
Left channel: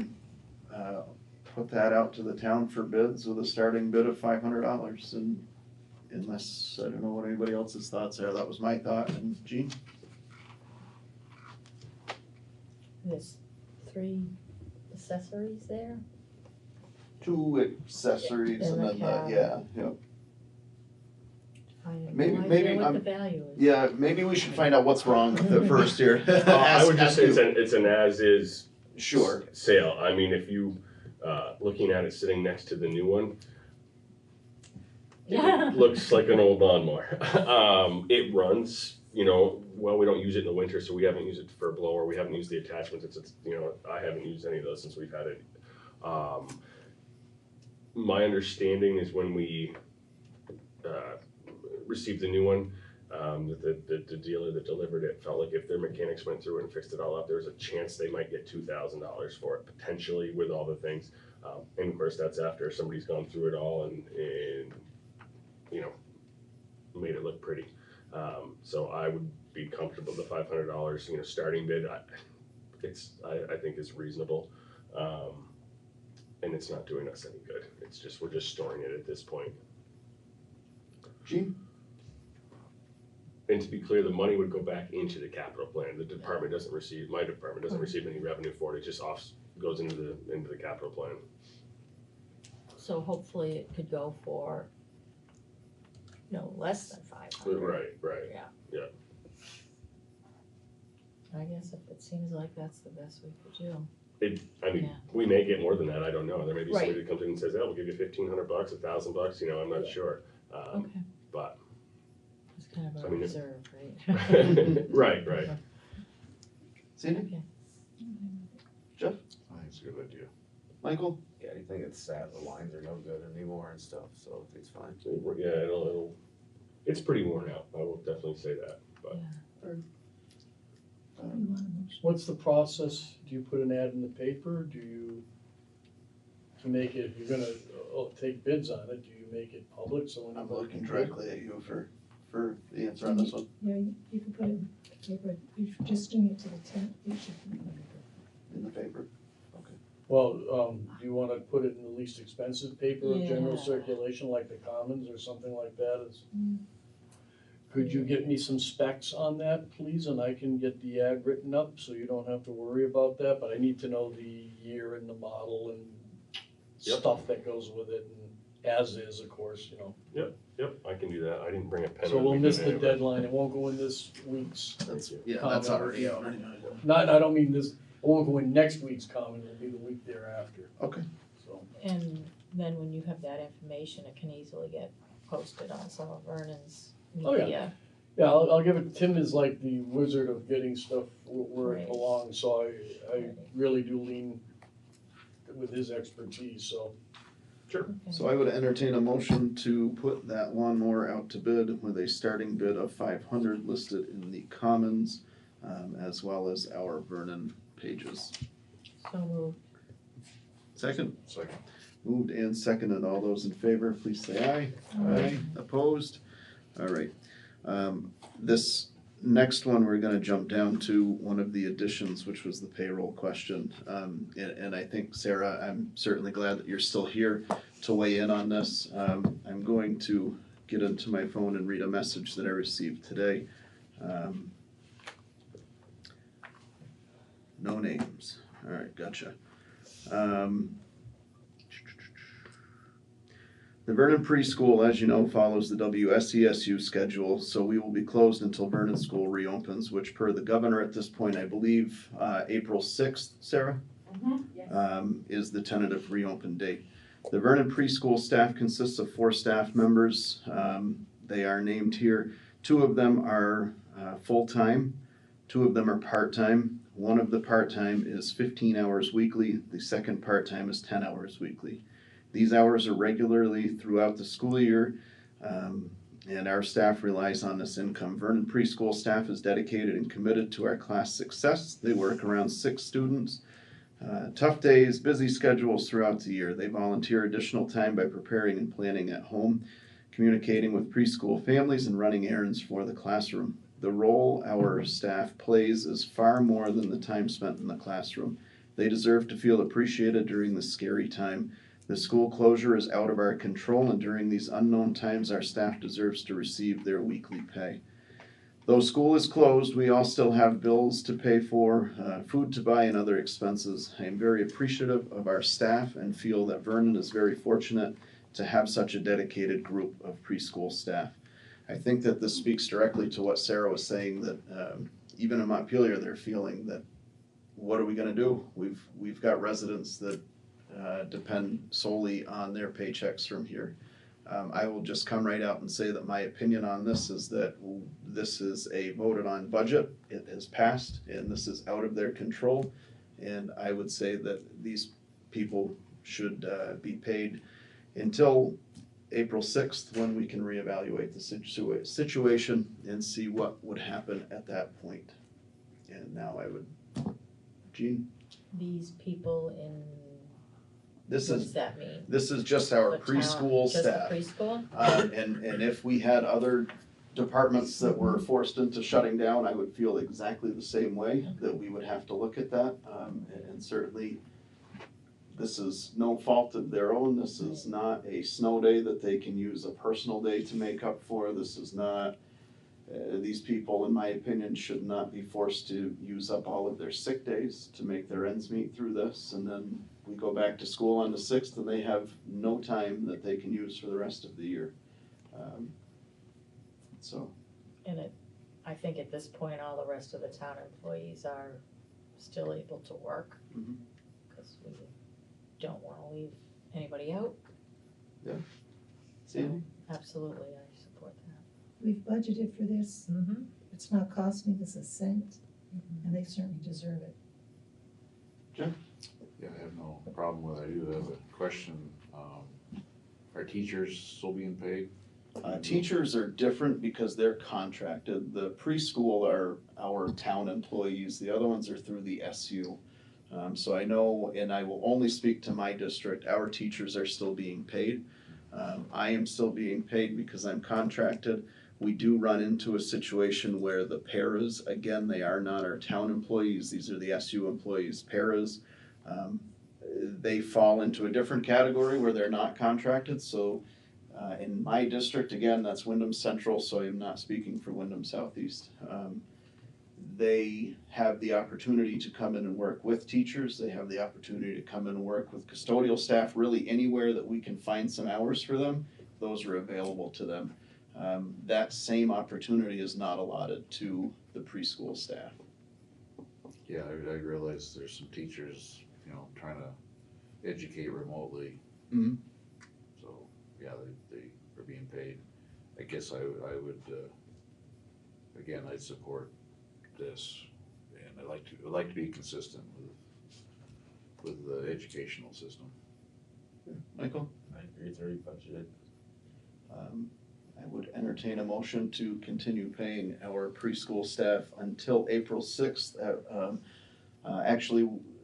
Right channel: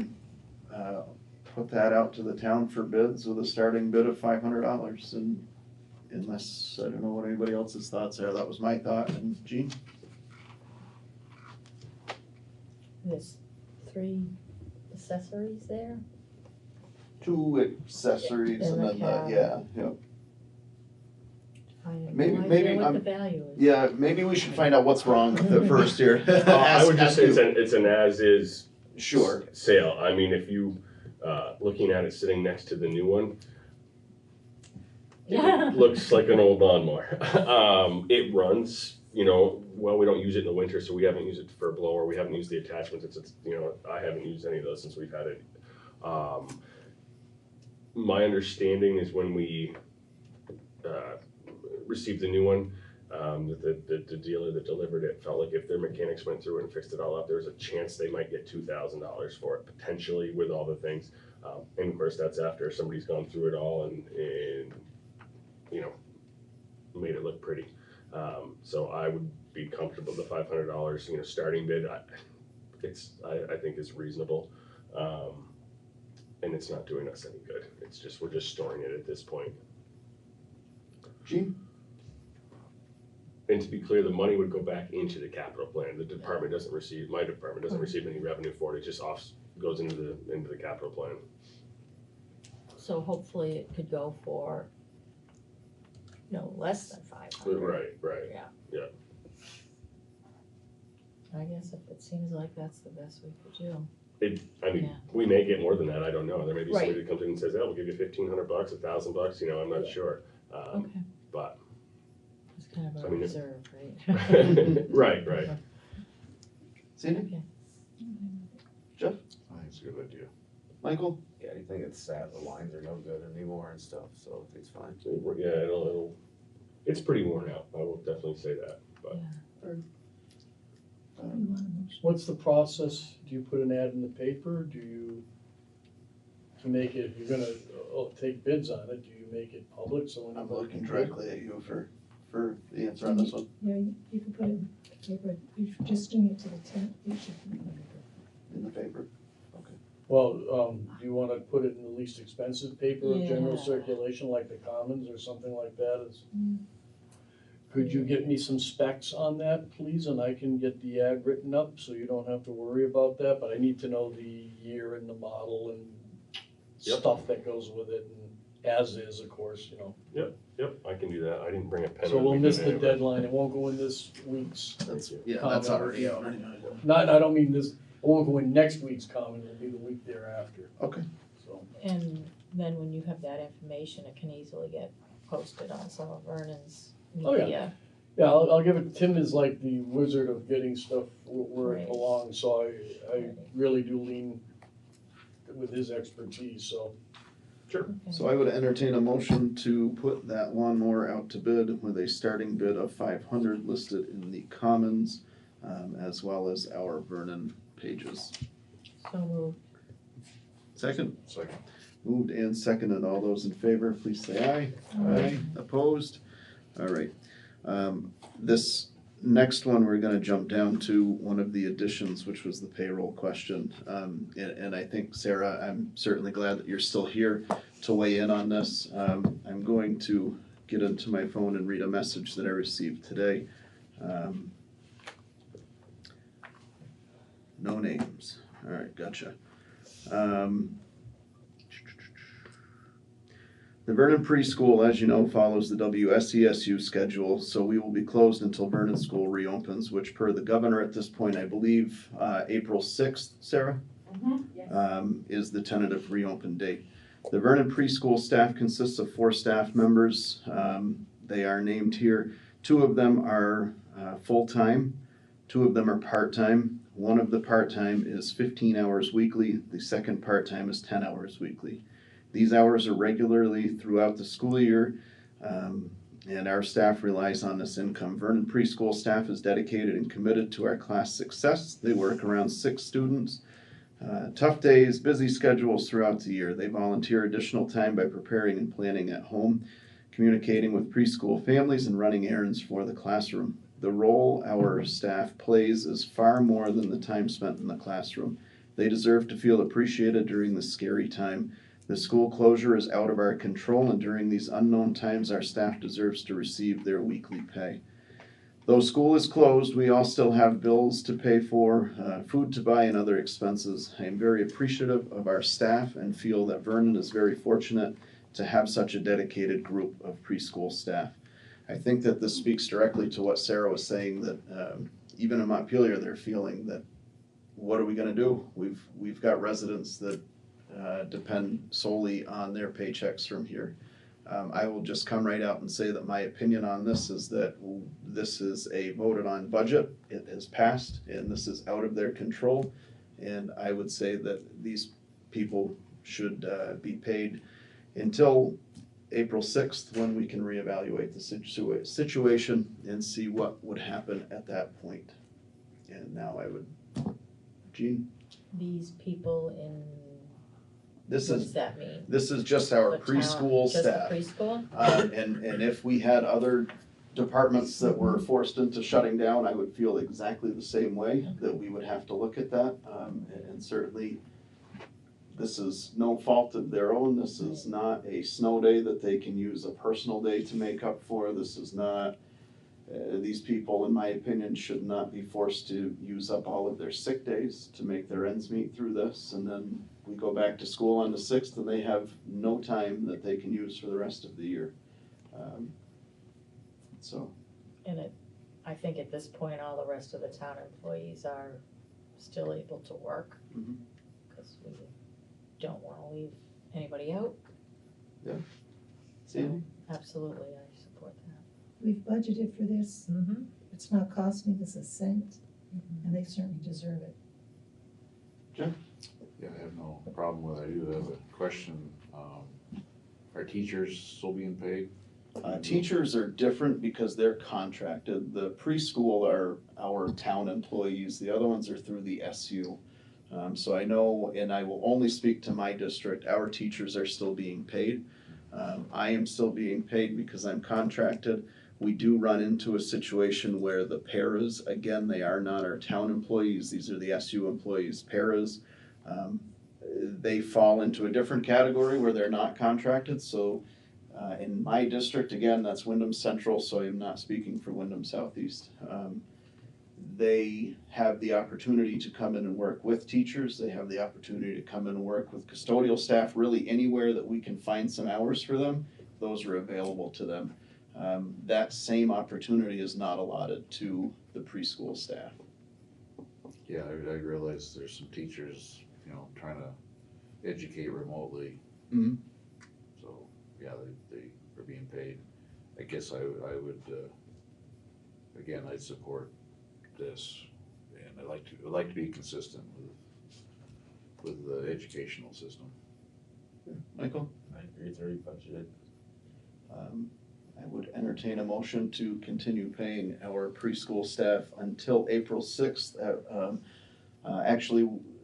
put that out to the town for bids with a starting bid of $500. And unless, I don't know what anybody else's thoughts are, that was my thought. And Jean? There's 3 accessories there. 2 accessories In and the then cab. yeah. I have Maybe- no maybe idea what I'm- the value is. Yeah, maybe we should find out what's wrong with it first here. I would just say Ask you. it's an as-is Sure. sale. I mean, if you, looking at it sitting next to the new one, Yeah. it looks like an old lawnmower. It runs, well, we don't use it in the winter, so we haven't used it for a blower. We haven't used the attachments. It's I haven't used any of those since we've had it. My understanding is when we received the new one, that the dealer that delivered it felt like if their mechanics went through and fixed it all up, there was a chance they might get $2,000 for it, potentially, with all the things. And of course, that's after somebody's gone through it all and made it look pretty. So I would be comfortable with the $500, starting bid. I think is reasonable. And it's not doing us any good. We're just storing it at this point. Gene? And to be clear, the money would go back into the capital plan. My department doesn't receive any revenue for it. It just goes into the capital plan. So hopefully it could go for no less than 500. Right. Yeah. I guess if it seems like that's the best we could do. We may get more than that. I don't know. There may be somebody Right. that comes in and says, "Oh, we'll give you $1,500, $1,000." I'm not sure. Okay. But It's kind of a I mean, reserve, right? right. Sandy? Okay. Jeff? I think it's a good idea. Michael? Yeah, I think it's sad, the lines are no good anymore and stuff, so it's fine. Yeah, it's pretty worn out. I will definitely say that. But What's the process? Do you put an ad in the paper? Do you, to make it, if you're gonna take bids on it, do you make it public so I'm anybody looking can bid? directly at you for the answer on this one. Yeah, you can put it in the paper, you're just doing it to the tent, you should. In the paper? Well, do you wanna put it in the least expensive paper of general Yeah. circulation, like the Commons or something like that? Could you get me some specs on that, please, and I can get the ad written up, so you don't have to worry about that, but I need to know the year and the model and Yep. stuff that goes with it, and as is, of course, Yep, I can do that. I didn't bring a pen. So with we'll me miss today, the but- deadline, it won't go in this week's. That's comment. already out. Not, I don't mean this, it won't go in next week's comment, it'll be the week thereafter, Okay. so. And then when you have that information, it can easily get posted on some of Vernon's Oh, yeah. media. Yeah, I'll give it, Tim is like the wizard of getting stuff where it Right. belongs, so I really do lean with his expertise, so. Sure. So I would entertain a motion to put that lawnmower out to bid with a starting bid of 500 listed in the Commons, as well as our Vernon pages. So moved. Second? Second. Moved and seconded. All those in favor, please say aye. Aye. Opposed? All right. This next one, we're gonna jump down to one of the additions, which was the payroll question. And I think, Sarah, I'm certainly glad that you're still here to weigh in on this. I'm going to get into my phone and read a message that I received today. No names. All right, gotcha. The Vernon Preschool, as you know, follows the WSESU schedule, so we will be closed until Vernon School reopens, which per the governor at this point, I believe, April 6th, Sarah? Is the tentative reopen date. The Vernon Preschool staff consists of 4 staff members. They are named here. 2 of them are full-time, 2 of them are part-time. One of the part-time is 15 hours weekly, the second part-time is 10 hours weekly. These hours are regularly throughout the school year, and our staff relies on this income. Vernon Preschool staff is dedicated and committed to our class success. They work around 6 students. Tough days, busy schedules throughout the year. They volunteer additional time by preparing and planning at home, communicating with preschool families, and running errands for the classroom. The role our staff plays is far more than the time spent in the classroom. They deserve to feel appreciated during this scary time. The school closure is out of our control, and during these unknown times, our staff deserves to receive their weekly pay. Though school is closed, we all still have bills to pay for, food to buy, and other expenses. I am very appreciative of our staff and feel that Vernon is very fortunate to have such a dedicated group of preschool staff. I think that this speaks directly to what Sarah was saying, that even in Montpelier, they're feeling that, what are we gonna do? We've got residents that depend solely on their paychecks from here. I will just come right out and say that my opinion on this is that this is a voted on budget. It has passed, and this is out of their control. And I would say that these people should be paid until April 6th, when we can reevaluate the situation and see what would happen at that point. And now I would, Jean? These people in, What does that mean? This is just our The town- preschool just the staff. preschool? And if we had other departments that were forced into shutting down, I would feel exactly the same way, that we would have to look at that. And certainly, this is no fault of their own. This is not a snow day that they can use a personal day to make up for. This is not, these people, in my opinion, should not be forced to use up all of their sick days to make their ends meet through this. And then we go back to school on the 6th, and they have no time that they can use for the rest of the year. And I think at this point, all the rest of the town employees are still able to work. Mhm. Because we don't wanna leave anybody out. Yeah. So, absolutely, I support that. We've budgeted for this. Mm-hmm. It's not costing us a cent, and they certainly deserve it. Yeah, I have no problem with it. I do have a question. Are teachers still being paid? Teachers are different because they're contracted. The preschool are our town employees. The other ones are through the SU. So I know, and I will only speak to my district, our teachers are still being paid. I am still being paid because I'm contracted. We do run into a situation where the paras, again, they are not our town employees. These are the SU employees. Paras, they fall into a different category where they're not contracted. So in my district, again, that's Wyndham Central, so I'm not speaking for Wyndham Southeast. They have the opportunity to come in and work with teachers. They have the opportunity to come in and work with custodial staff. Really anywhere that we can find some hours for them, those are available to them. That same opportunity is not allotted to the preschool staff. Yeah, I realize there's some teachers, trying to educate remotely. Mm-hmm. So, yeah, they are being paid. I guess I would, again, I'd support this, and I'd like to be consistent with the educational system. Michael? I it's already budgeted. I would entertain a motion to continue paying our preschool staff until April 6th. Actually,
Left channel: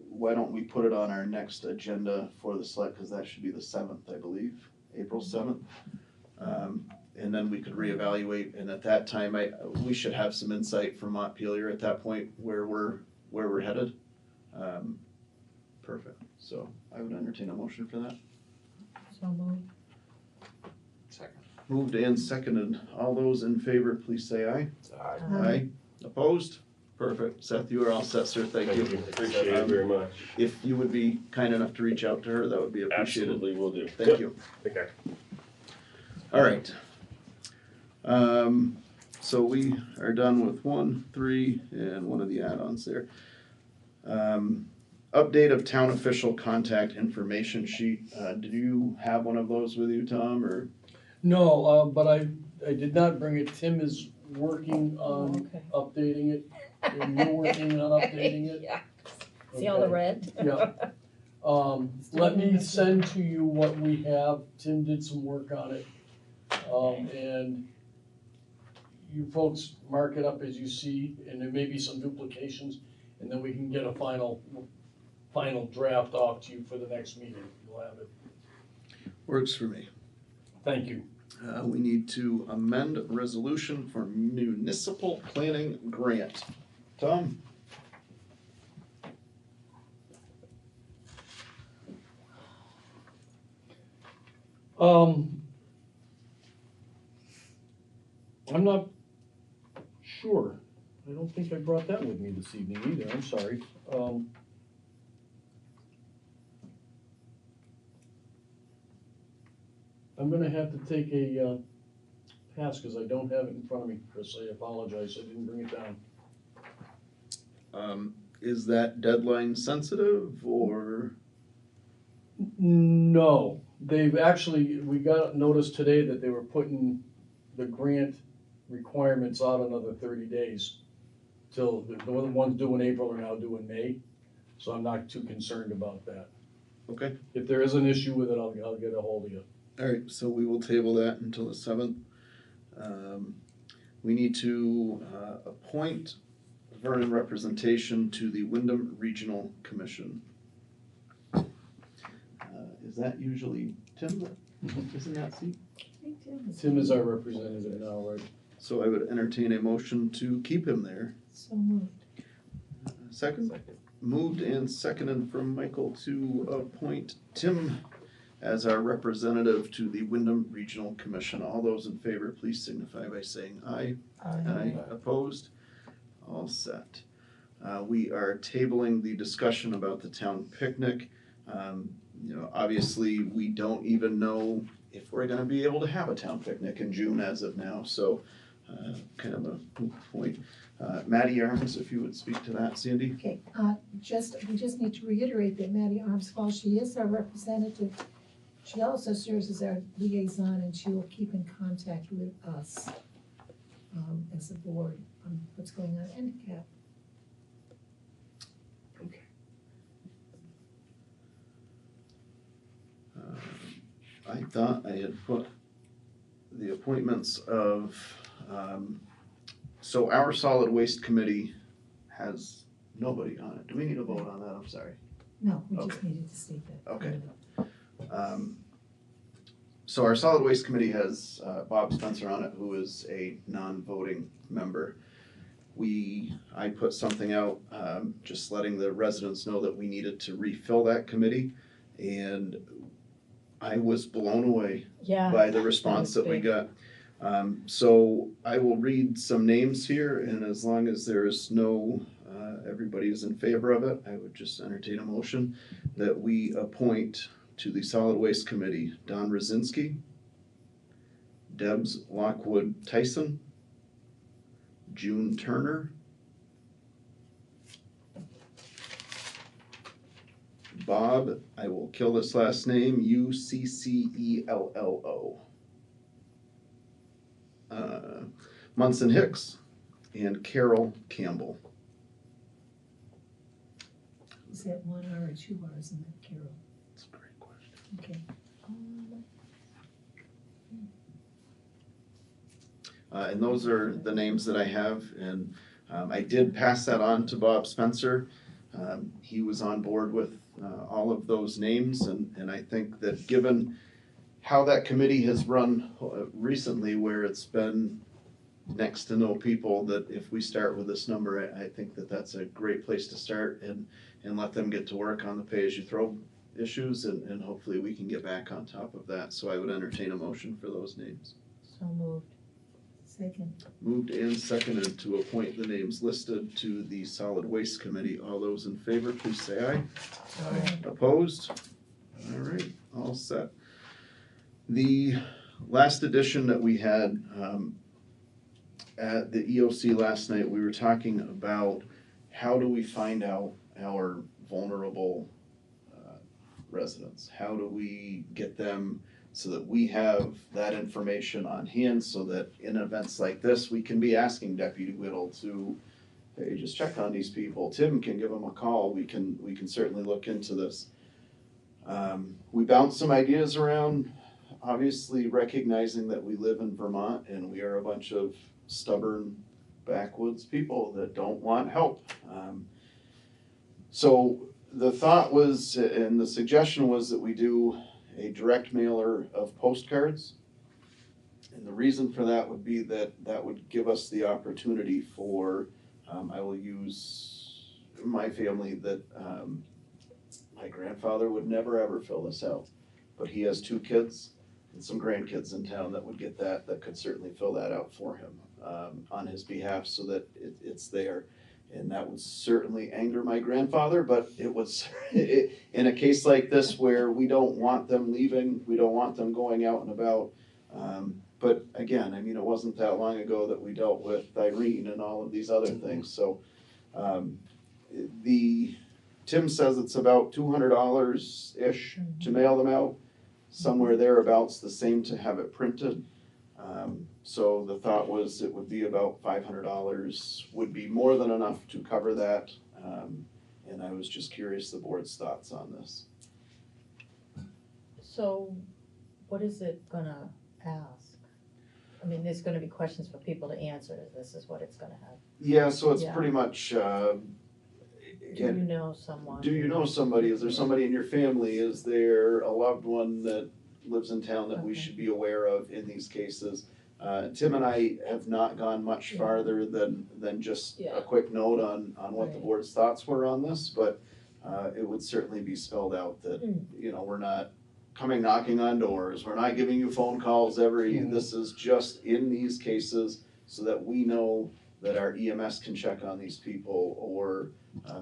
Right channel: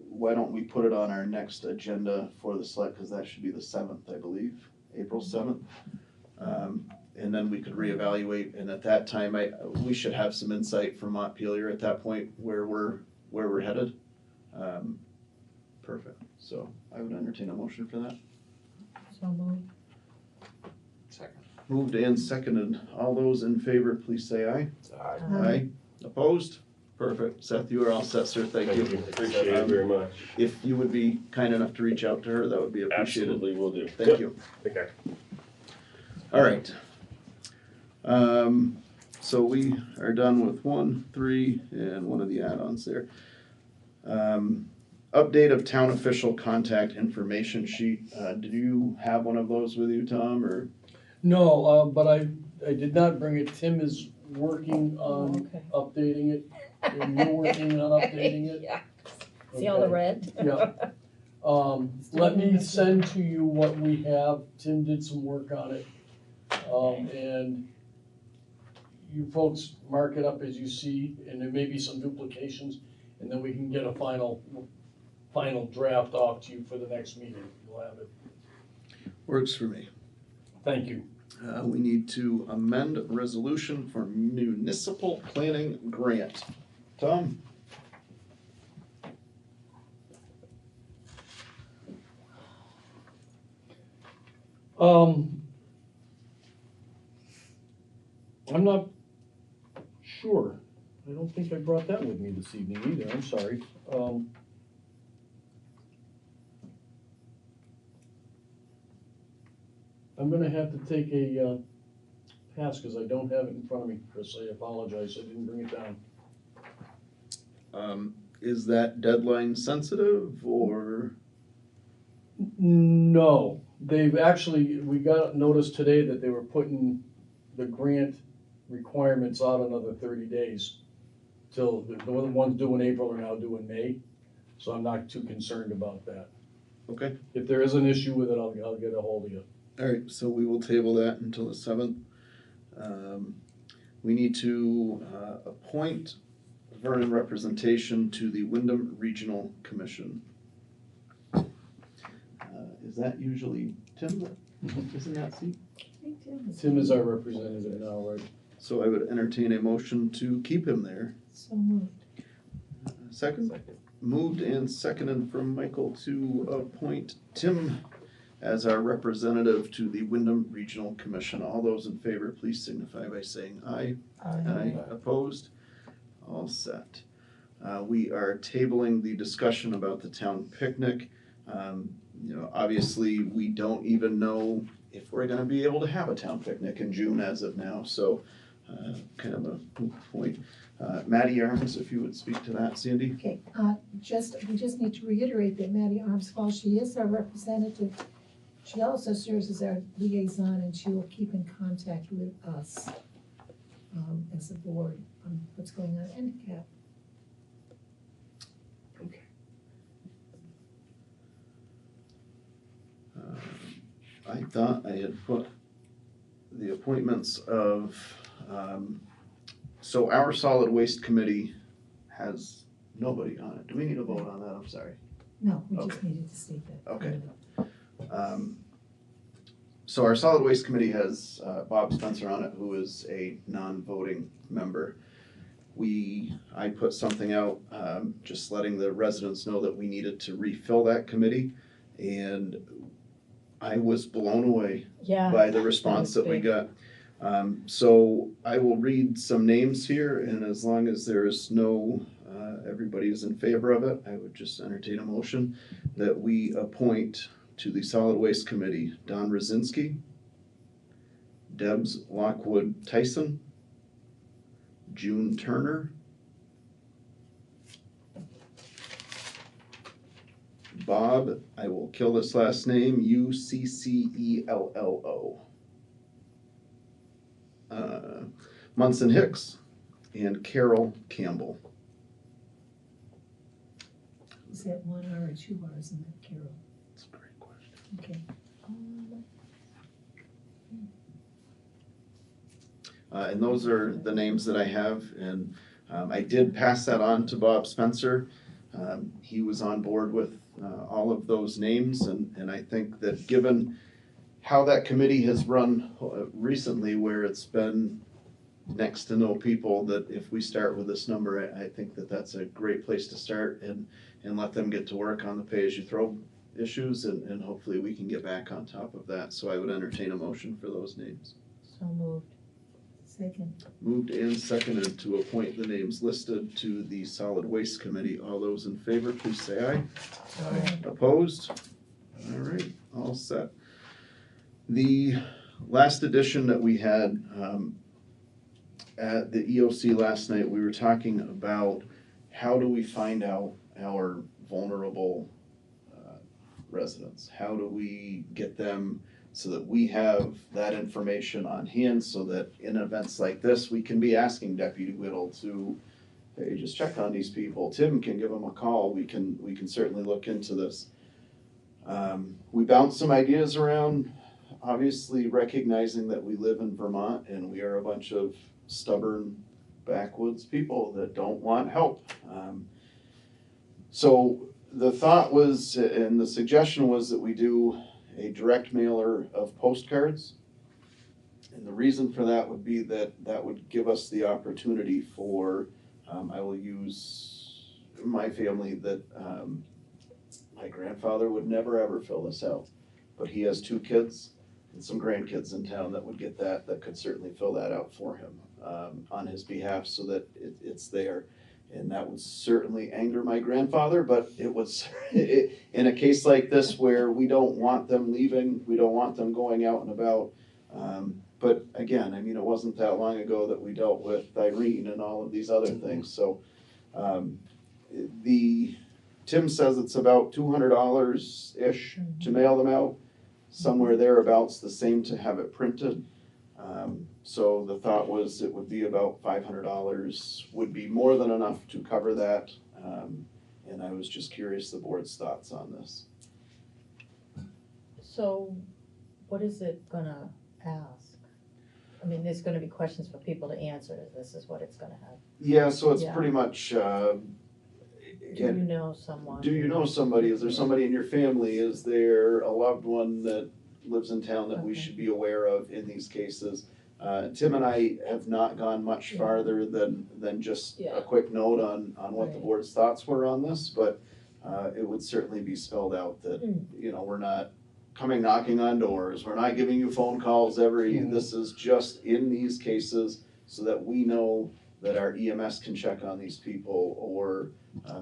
why don't we put it on our next agenda for the select, because that should be the 7th, I believe, April 7th. And then we could reevaluate, and at that time, we should have some insight from Montpelier at that point where we're headed. Perfect, so I would entertain a motion for that. So moved. Second. Moved and seconded. All those in favor, please say aye. Aye. Aye. Opposed? Perfect. Seth, you are all set, sir. Thank you. Appreciate it very much. If you would be kind enough to reach out to her, that would be appreciated. Absolutely will do. Thank you. Take care. All right. So we are done with 1, 3, and one of the add-ons there. Update of town official contact information sheet. Did you have one of those with you, Tom, or? No, but I did not bring it. Tim is working on Okay. updating it, and you're working on updating it. Yeah. See all the Okay. red? Yeah. Let me send to you what we have. Tim did some work on it. And you folks mark it up as you see, and there may be some duplications, and then we can get a final draft off to you for the next meeting. You'll have it. Works for me. Thank you. We need to amend resolution for municipal planning grant. Tom? I'm not sure. I don't think I brought that with me this evening either. I'm sorry. I'm gonna have to take a pass because I don't have it in front of me, Chris. I apologize. I didn't bring it down. Is that deadline sensitive or? No, they've actually, we got notice today that they were putting the grant requirements out another 30 days. Till the ones due in April are now due in May, so I'm not too concerned about that. Okay. If there is an issue with it, I'll get a hold of you. All right, so we will table that until the 7th. We need to appoint Vernon representation to the Wyndham Regional Commission. Is that usually Tim? Isn't that seat? Tim is our representative now, right? So I would entertain a motion to keep him there. So moved. Second? Moved and seconded from Michael to appoint Tim as our representative to the Wyndham Regional Commission. All those in favor, please signify by saying aye. Aye. Opposed? All set. We are tabling the discussion about the town picnic. Obviously, we don't even know if we're gonna be able to have a town picnic in June as of now, so kind of a moot point. Maddie Arms, if you would speak to that, Sandy? Okay, we just need to reiterate that Maddie Arms, while she is our representative, she also serves as our liaison, and she will keep in contact with us as a board on what's going on in NCAP. I thought I had put the appointments of, so our solid waste committee has nobody on it. Do we need a vote on that? I'm sorry. No, we just needed to state that. Okay. So our solid waste committee has Bob Spencer on it, who is a non-voting member. I put something out, just letting the residents know that we needed to refill that committee, and I was blown away by the response that we got. So I will read some names here, and as long as there is no, everybody is in favor of it, I would just entertain a motion that we appoint to the Solid Waste Committee Don Rosinski, Debs Lockwood Tyson, June Turner, Bob, I will kill this last name, Uccello, Munson Hicks, and Carol Campbell. Is that one R or two R's in that, Carol? That's a great question. Okay. And those are the names that I have, and I did pass that on to Bob Spencer. He was on board with all of those names, and I think that given how that committee has run recently, where it's been next to no people, that if we start with this number, I think that that's a great place to start, and let them get to work on the pay-as-you-throw issues, and hopefully we can get back on top of that. So I would entertain a motion for those names. So moved. Second. Moved and seconded to appoint the names listed to the Solid Waste Committee. All those in favor, please say aye. Aye. Opposed? All right, all set. The last edition that we had at the EOC last night, we were talking about how do we find out our vulnerable residents? How do we get them so that we have that information on hand, so that in events like this, we can be asking Deputy Whittle to, hey, just check on these people. Tim can give them a call. We can certainly look into this. We bounced some ideas around, obviously recognizing that we live in Vermont and we are a bunch of stubborn backwoods people that don't want help. So the thought was, and the suggestion was, that we do a direct mailer of postcards. And the reason for that would be that that would give us the opportunity for, I will use my family, that my grandfather would never ever fill this out, but he has 2 kids and some grandkids in town that would get that could certainly fill that out for him on his behalf, so that it's there. And that would certainly anger my grandfather, but it was in a case like this where we don't want them leaving, we don't want them going out and about. But again, I mean, it wasn't that long ago that we dealt with Irene and all of these other things. So Tim says it's about $200-ish to mail them out, somewhere thereabouts, the same to have it printed. So the thought was it would be about $500, would be more than enough to cover that. And I was just curious the board's thoughts on this. So what is it gonna ask? I mean, there's gonna be questions for people to answer. This is what it's gonna have. Yeah, so it's Yeah. pretty much, Do you know someone? do you know somebody? Is there somebody in your family? Is there a loved one that lives in town that we should be aware of in these cases? Tim and I have not gone much farther than just a quick note on what the board's thoughts were on this, but it would certainly be spelled out that, you know, we're not coming knocking on doors, we're not giving you phone calls this is just in these cases, so that we know that our EMS can check on these people, or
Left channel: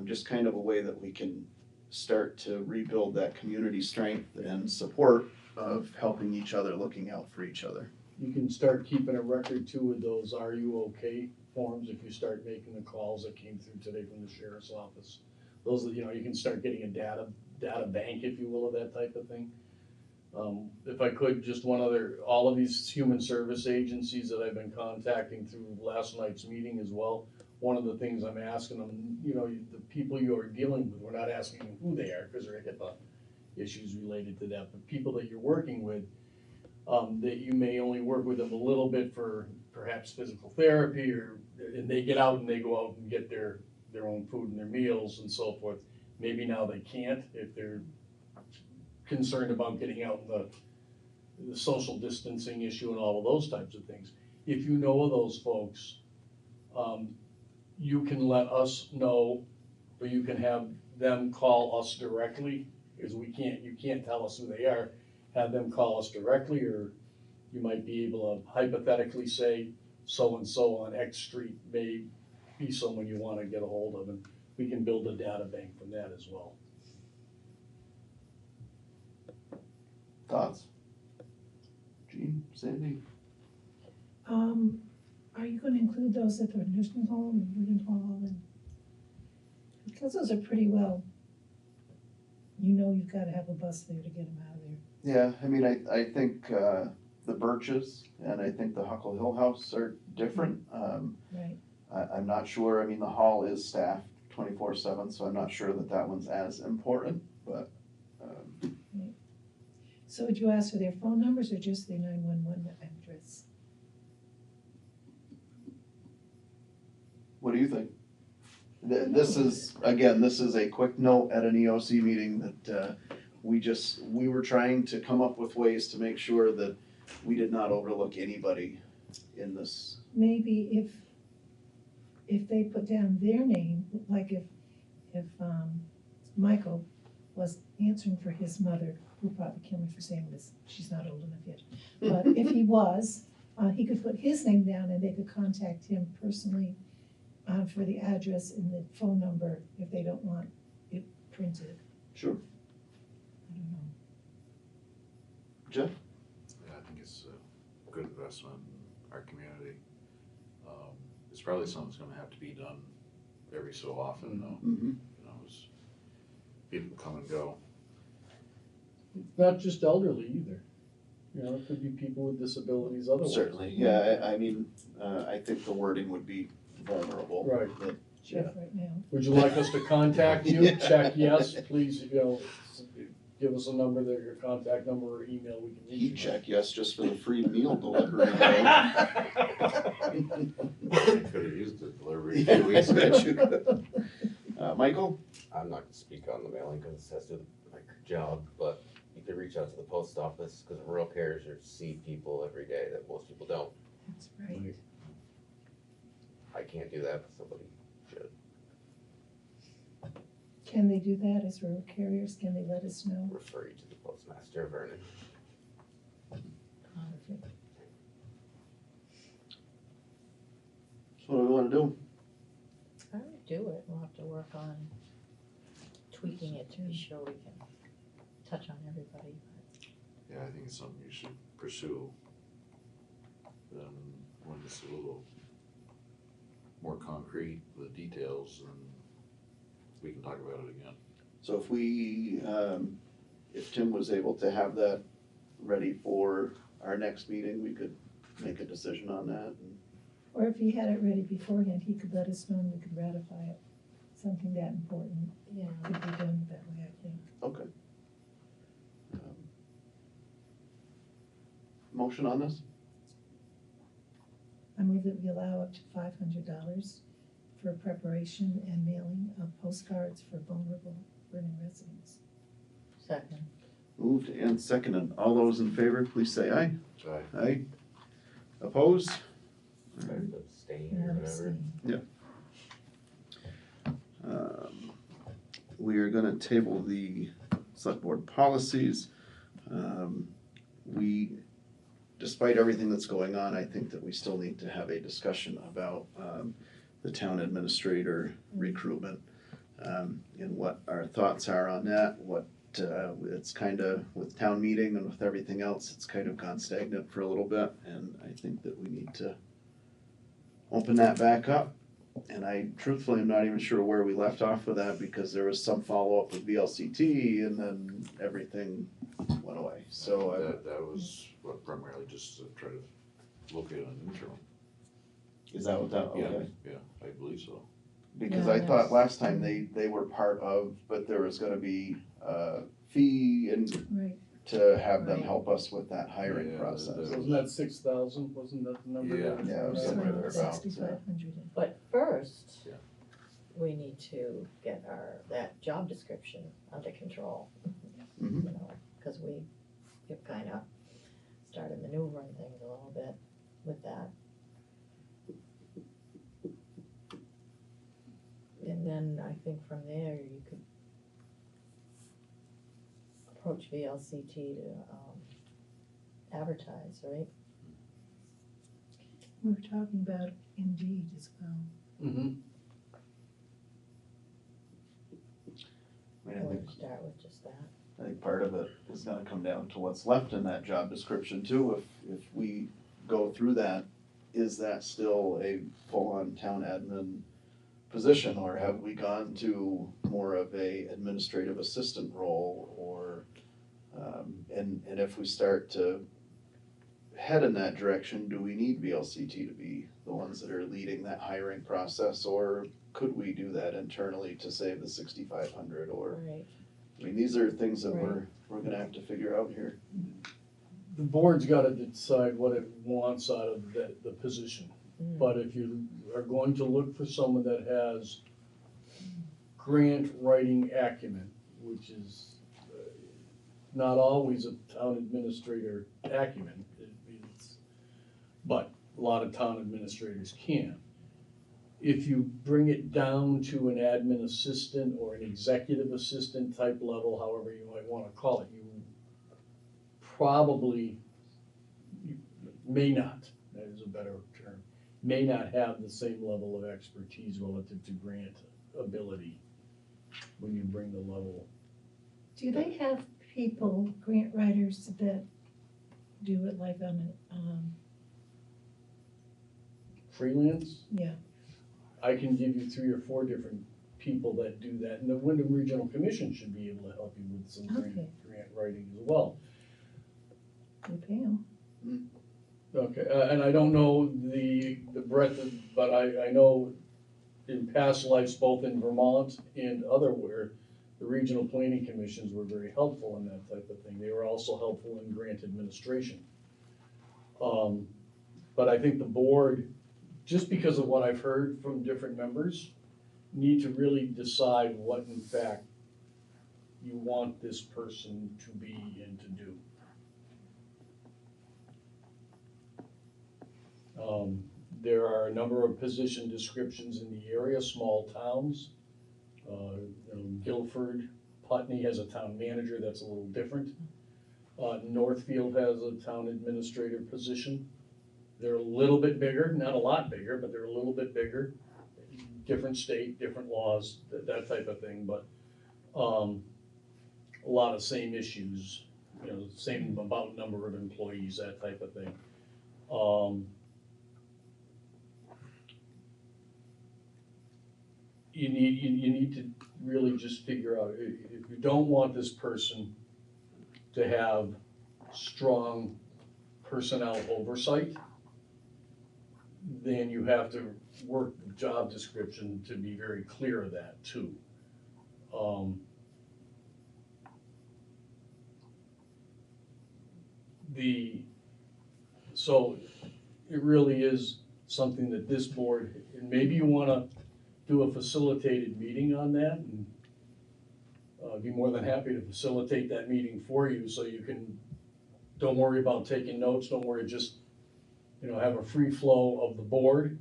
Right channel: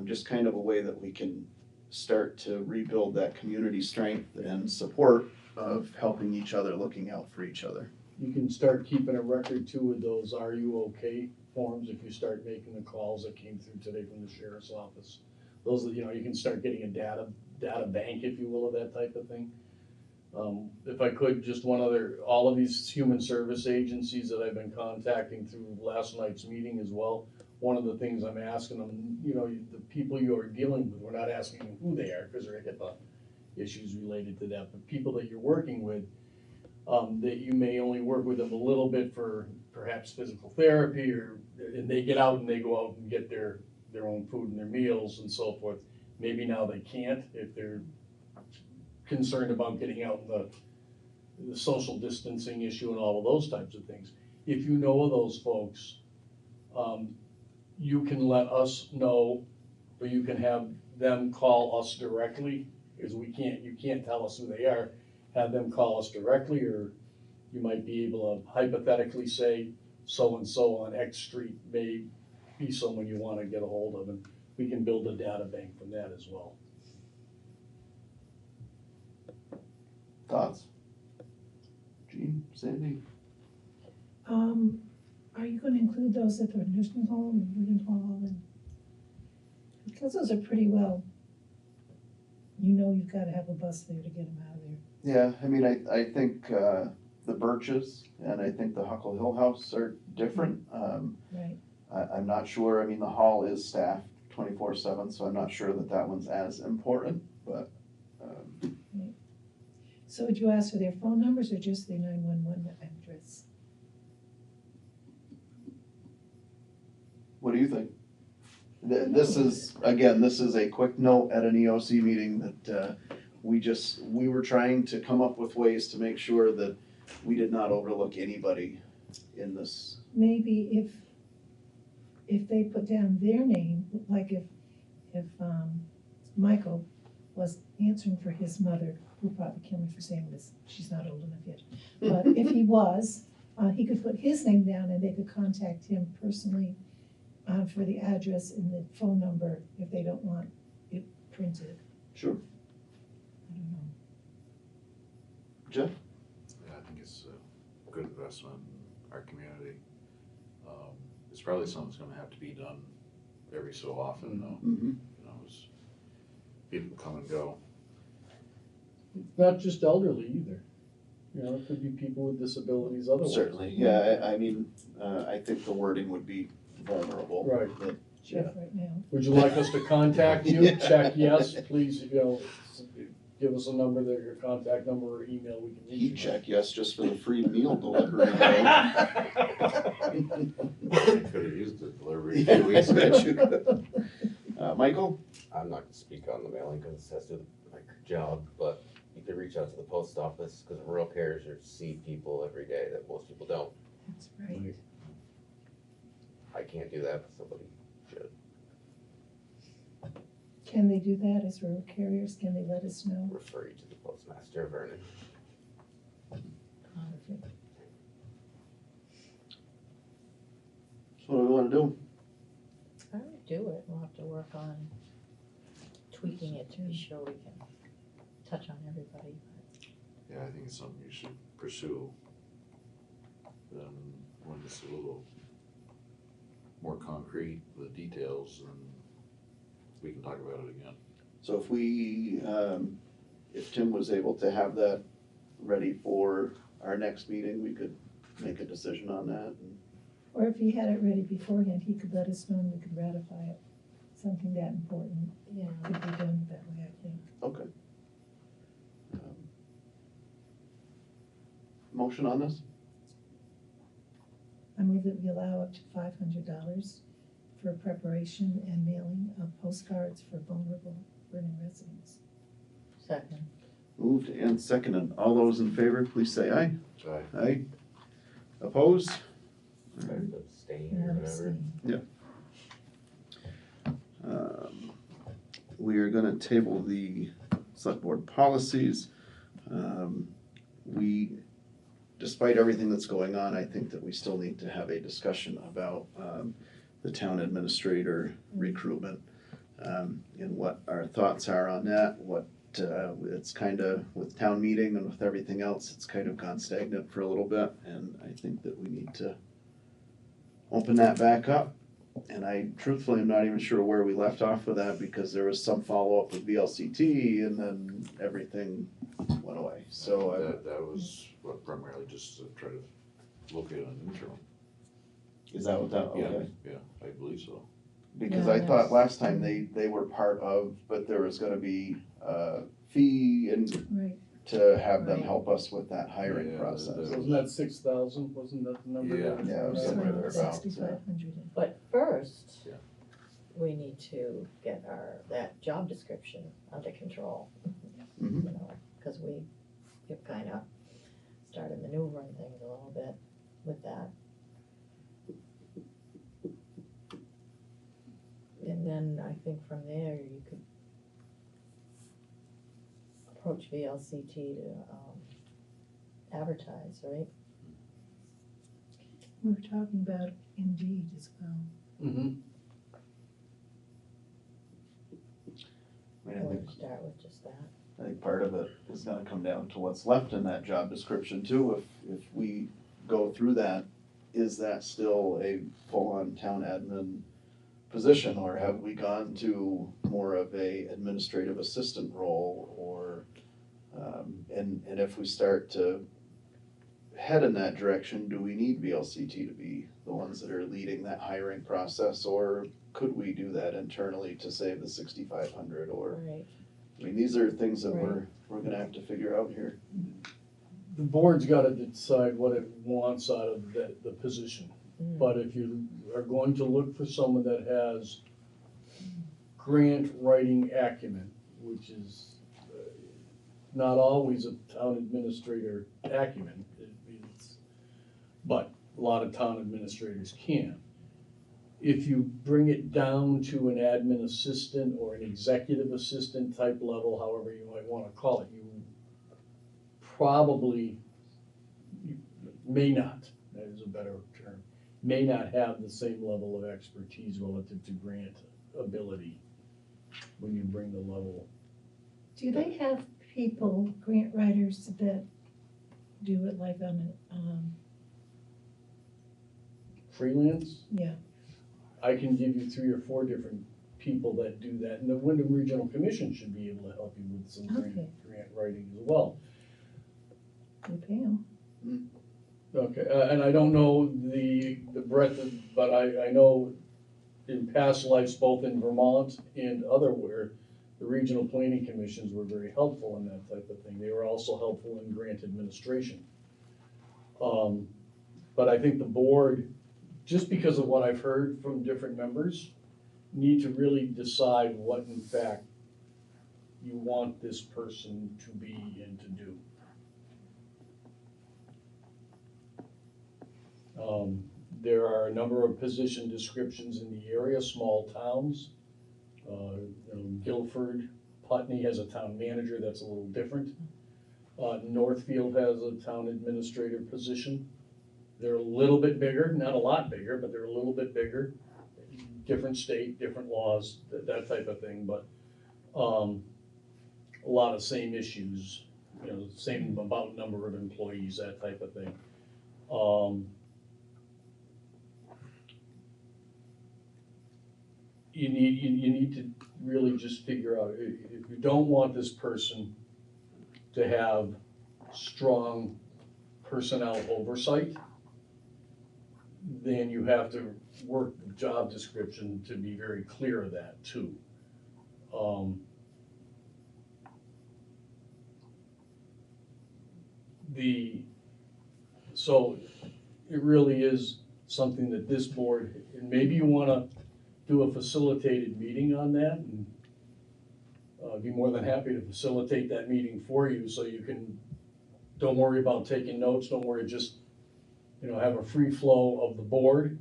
just kind of a way that we can start to rebuild that community strength and support of helping each other, looking out for each other. You can start keeping a record too of those "Are you okay?" forms if you start making the calls that came through today from the sheriff's office. Those, you know, you can start getting a data bank, if you will, of that type of thing. If I could, just one other, all of these human service agencies that I've been contacting through last night's meeting as well, one of the things I'm asking them, you know, the people you are dealing with, we're not asking them who they are, because there are HIPAA issues related to that, but people that you're working with, that you may only work with them a little bit for perhaps physical therapy, and they get out and they go out and get their own food and their meals and so forth. Maybe now they can't, if they're concerned about getting out in the social distancing issue and all of those types of things. If you know of those folks, you can let us know, or you can have them call us directly, because you can't tell us who they are. Have them call us directly, or you might be able to hypothetically say, so-and-so on X street may be someone you want to get a hold of, and we can build a data bank from that as well. Thoughts? Jean, Sandy? Are you gonna include those at the nursing home and Union Hall, and because those are pretty well, you know, you've gotta have a bus there to get them out of there. Yeah, I mean, I think the Birches and I think the Huckle Hill House are different. Right. I'm not sure, I mean, the hall is staffed 24/7, so I'm not sure that one's as important, but. So would you ask for their phone numbers or just their 911 address? What do you think? This is, again, this is a quick note at an EOC meeting that we were trying to come up with ways to make sure that we did not overlook anybody in this. Maybe if they put down their name, like if Michael was answering for his mother, who probably kill me for saying this, she's not old enough yet. But if he was, he could put his name down and they could contact him personally for the address and the phone number if they don't want it printed. Sure. I don't know. Jeff? Yeah, I think it's a good investment in our community. It's probably something that's gonna have to be done every so often though, Mm-hmm. you know, as people come and go. It's not just elderly either. You know, it could be people with disabilities otherwise. Certainly, yeah, I mean, I think the wording would be vulnerable. Right. But, Jeff yeah. right now. Would you like us to contact you? Check yes, please, you know, give us a number, that your contact number or email, we can reach you. He'd check yes just for the free meal delivery. Could have used the delivery a few weeks ago. Michael? I'm not gonna speak on the mailing because it has to do with my job, but you could reach out to the post office because rural carriers see people every day that most people don't. That's right. I can't do that, but somebody should. Can they do that as rural carriers? Can they let us know? Refer you to the postmaster of Vernon. Perfect. So what do we wanna do? I would do it, we'll have to work on tweaking it to be sure we can touch on everybody. Yeah, I think it's something you should pursue. Then when it's a little more concrete, the details, and we can talk about it again. So if we, if Tim was able to have that ready for our next meeting, we could make a decision on that. Or if he had it ready beforehand, he could let us know and we could ratify it. Something that important Yeah. could be done that way, I think. Okay. Motion on this? I move that we allow up to $500 for preparation and mailing of postcards for vulnerable Vernon residents. Second. Moved and seconded. All those in favor, please say aye. Aye. Aye. Opposed? Abstain or whatever. We are gonna table the select board policies. Despite everything that's going on, I think that we still need to have a discussion about the town administrator recruitment, and what our thoughts are on that, it's kind of, with town meeting and with everything else, it's kind of gone stagnant for a little bit, and I think that we need to open that back up. And I truthfully am not even sure where we left off with that, because there was some follow-up with VLCT and then everything went away, so. That was what primarily just to try to locate an interim. Is that what that, Yeah, okay. yeah, I believe so. Because Yeah, I that thought was- last time they were part of, but there was gonna be a fee and Right. to have them Right. help us with that hiring Yeah, process. Wasn't that 6,000, wasn't that the number? Yeah. that- Yeah, So somewhere thereabouts, 6,500. But first, Yeah. we need to get that job description under control. Mhm. You know, cause we've kinda started maneuvering things a little bit with that. And then I think from there, you could approach VLCT to, advertise, right? We were talking about Indeed as well. Mm-hmm. I mean, I Or think, start with just that. I think part of it is gonna come down to what's left in that job description too. If we go through that, is that still a full-on town admin position, or have we gone to more of a administrative assistant role, or, and if we start to head in that direction, do we need VLCT to be the ones that are leading that hiring process, or could we do that internally to save the 6,500, or, Right. I mean, these are things that Right. we're gonna have to figure out here. The board's gotta decide what it wants out of the position. But if you are going to look for someone that has grant writing acumen, which is not always a town administrator acumen, but a lot of town administrators can. If you bring it down to an admin assistant or an executive assistant type level, however you might want to call it, you probably may not, that is a better term, may not have the same level of expertise relative to grant ability when you bring the level. Do they have people, grant writers, that do it like on a, Freelance? yeah, I can give you 3 or 4 different people that do that, and the Wyndham Regional Commission should be able to help you with some grant writing as well. they pay them. Okay, and I don't know the breadth of, but I know in past lives, both in Vermont and otherwhere, the regional planning commissions were very helpful in that type of thing. They were also helpful in grant administration. But I think the board, just because of what I've heard from different members, need to really decide what in fact you want this person to be and to do. There are a number of position descriptions in the area, small towns. Guilford, Putney has a town manager, that's a little different. Northfield has a town administrator position. They're a little bit bigger, not a lot bigger, but they're a little bit bigger. Different state, different laws, that type of thing, but a lot of same issues, same about number of employees, that type of thing. You need to really just figure out, if you don't want this person to have strong personnel oversight, then you have to work the job description to be very clear of that too. So it really is something that this board, and maybe you wanna do a facilitated meeting on that, and I'd be more than happy to facilitate that meeting for you, so you can, don't worry about taking notes, don't worry, just, have a free flow of the board.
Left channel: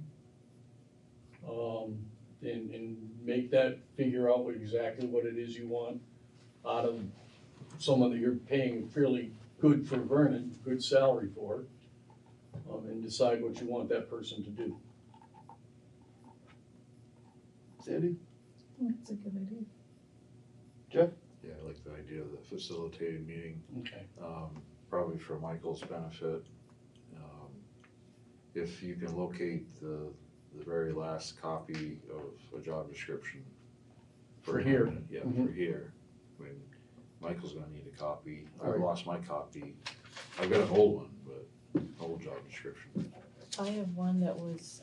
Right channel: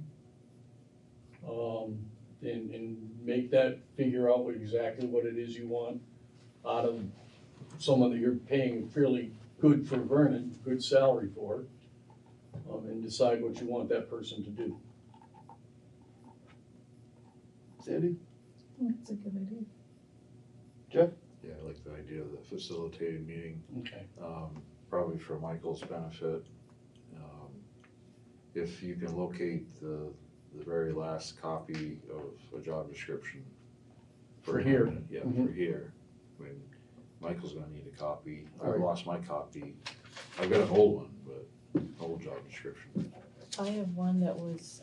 And make that, figure out exactly what it is you want out of someone that you're paying fairly good for Vernon, good salary for, and decide what you want that person to do. Sandy? That's a good idea. Jeff? Yeah, I like the idea of the facilitated meeting. Okay. Probably for Michael's benefit. If you can locate the very last copy of a job description. For here. Yeah, Mhm. for here. I mean, Michael's gonna need a copy. I Right. lost my copy. I've got an old one, but old job description. I have one that was,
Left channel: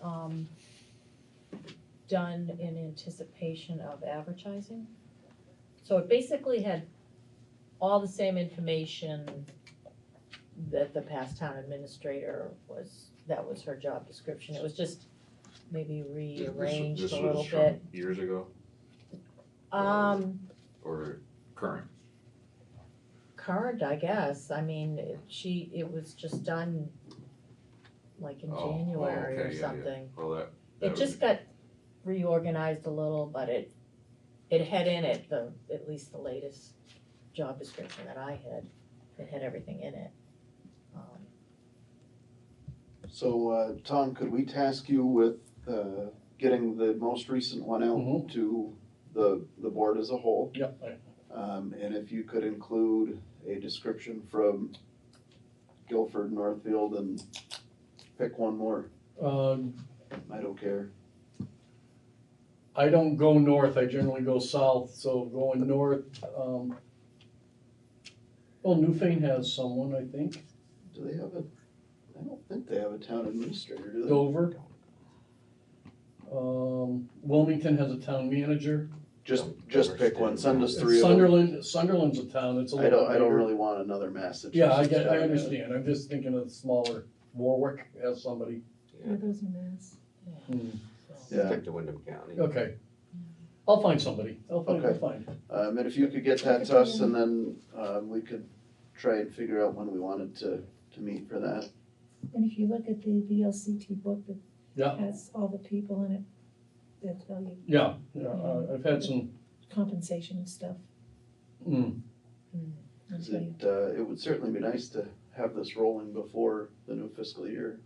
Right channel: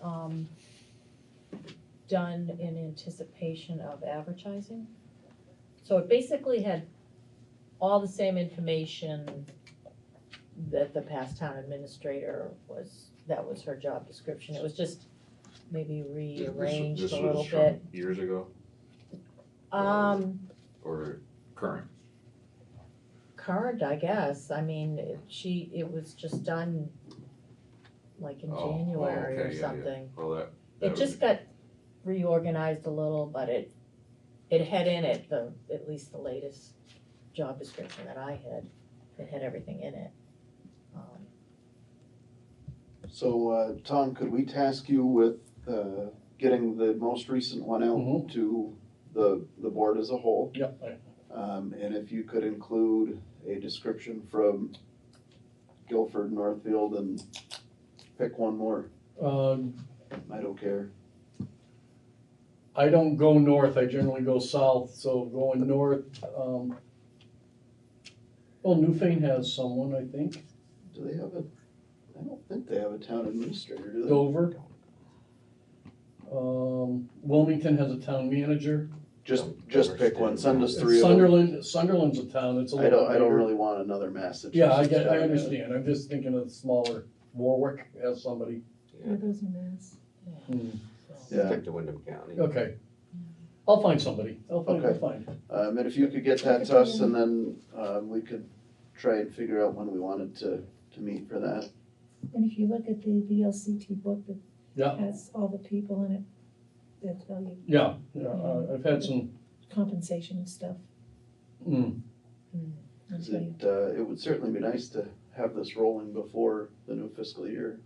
done in anticipation of advertising. So it basically had all the same information that the past town administrator that was her job description. It was just maybe rearranged This a was little from bit. years ago or current? Current, I guess. I mean, it was just done like in January or okay, yeah. something. Well, that It just got reorganized a little, but it had in it at least the latest job description that I had. It had everything in it. So, Tom, could we task you with getting the most recent one out to the board as a whole? Yep. And if you could include a description from Guilford, Northfield, and pick one more. I don't care. I don't go north, I generally go south, so going north, well, Newfane has someone, I think. Do they have I don't think they have a town administrator, do they? Dover. Wilmington has a town manager. Just pick one, send us 3 of them. Sunderland's a town, it's a I little don't bigger. really want another Massachusetts. Yeah, I town. understand, I'm just thinking of the smaller, Warwick has somebody. Yeah, those are mass. Yeah. Stick to Wyndham County. Okay. I'll find somebody, I'll Okay. find. And if you could get that to us, and then, we could try and figure out when we wanted to meet for that. And if you look at the VLCT book that Yeah, has all the people in it that tell you yeah, I've had some, compensation and stuff. mm, I'll tell you. It would certainly be nice to have this rolling before the new fiscal year.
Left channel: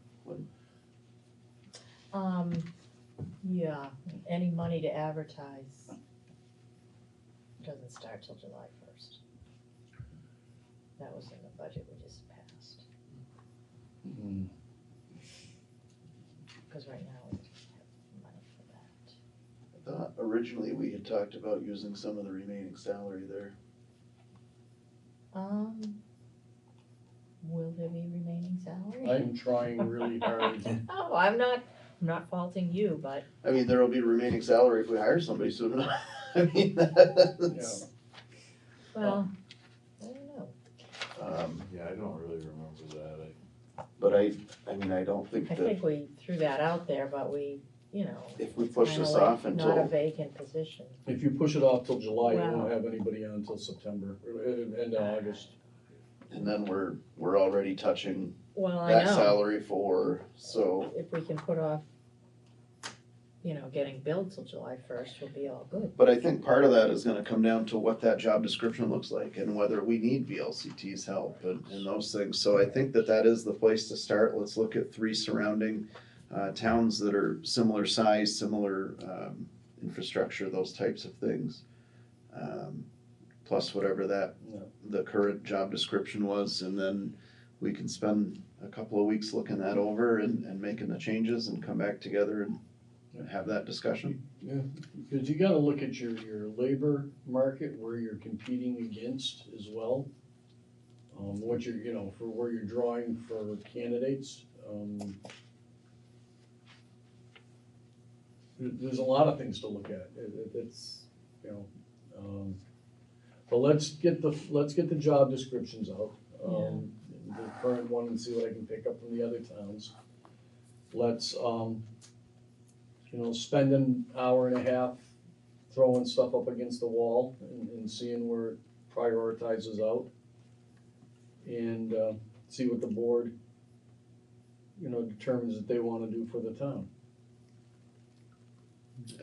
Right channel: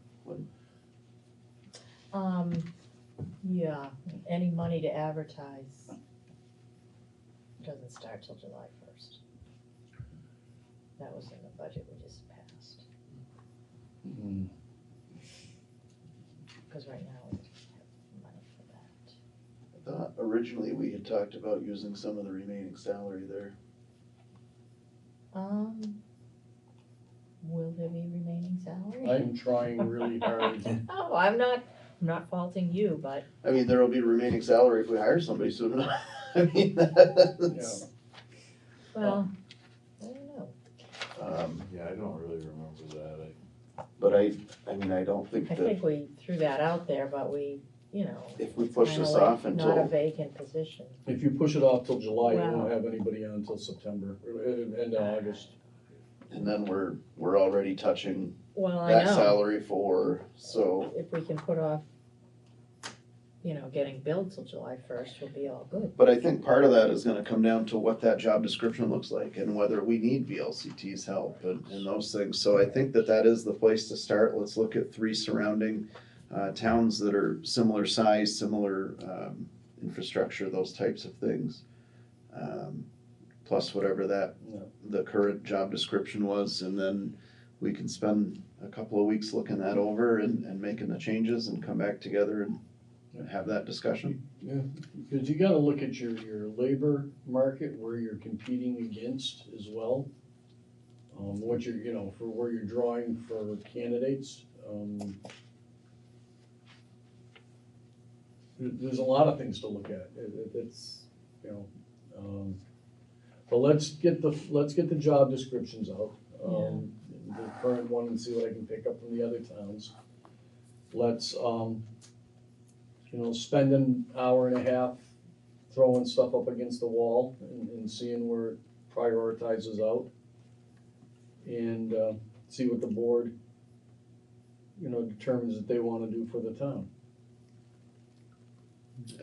Yeah, any money to advertise doesn't start till July 1st. That was in the budget we just passed, mm, because right now we don't have money for that. I thought originally we had talked about using some of the remaining salary there. Will there be remaining salary? I'm trying really hard. Oh, I'm not faulting you, but I mean, there will be remaining salary if we hire somebody soon enough. I mean, that's, well, I don't know. Yeah, I don't really remember that. but I mean, I don't think I that think we threw that out there, but we, if we push kinda this like off not a until, vacant position. If you push it off till July, you Wow. won't have anybody on until September, end of August. and then we're already touching Well, I that know, salary for, so, if we can put off, getting billed till July 1st, we'll be all good. but I think part of that is gonna come down to what that job description looks like and whether we need VLCT's help and those things. So I think that is the place to start. Let's look at 3 surrounding towns that are similar size, similar infrastructure, those types of things. Plus whatever the current job description was, and then we can spend a couple of weeks looking that over and making the changes and come back together and have that discussion. Yeah, because you gotta look at your labor market, where you're competing against as well. What you're, for where you're drawing for candidates. There's a lot of things to look at. It's, but let's get the job descriptions out. The current one, and see what I can pick up from the other towns. Let's, spend an hour and a half throwing stuff up against the wall and seeing where it prioritizes out. And see what the board, determines that they wanna do for the town.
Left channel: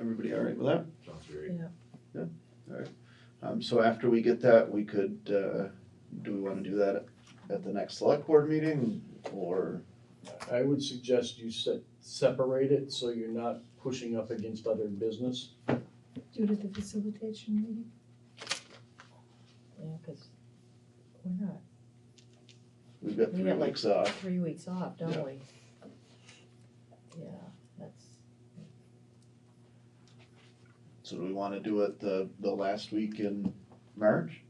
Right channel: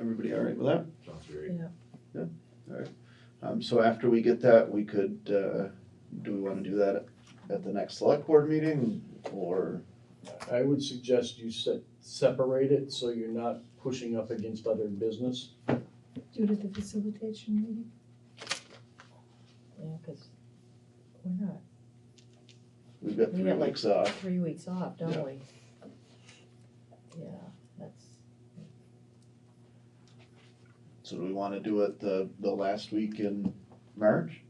Everybody all right with that? Sounds great. Yeah. All right. So after we get that, we could, do we wanna do that at the next select board meeting, or? I would suggest you separate it so you're not pushing up against other business. Do it at the facilitation meeting. Yeah, because we're not, We've got we 3 got like weeks off. 3 weeks off, don't Yeah. we? Yeah, that's, So do we wanna do it the last week in March?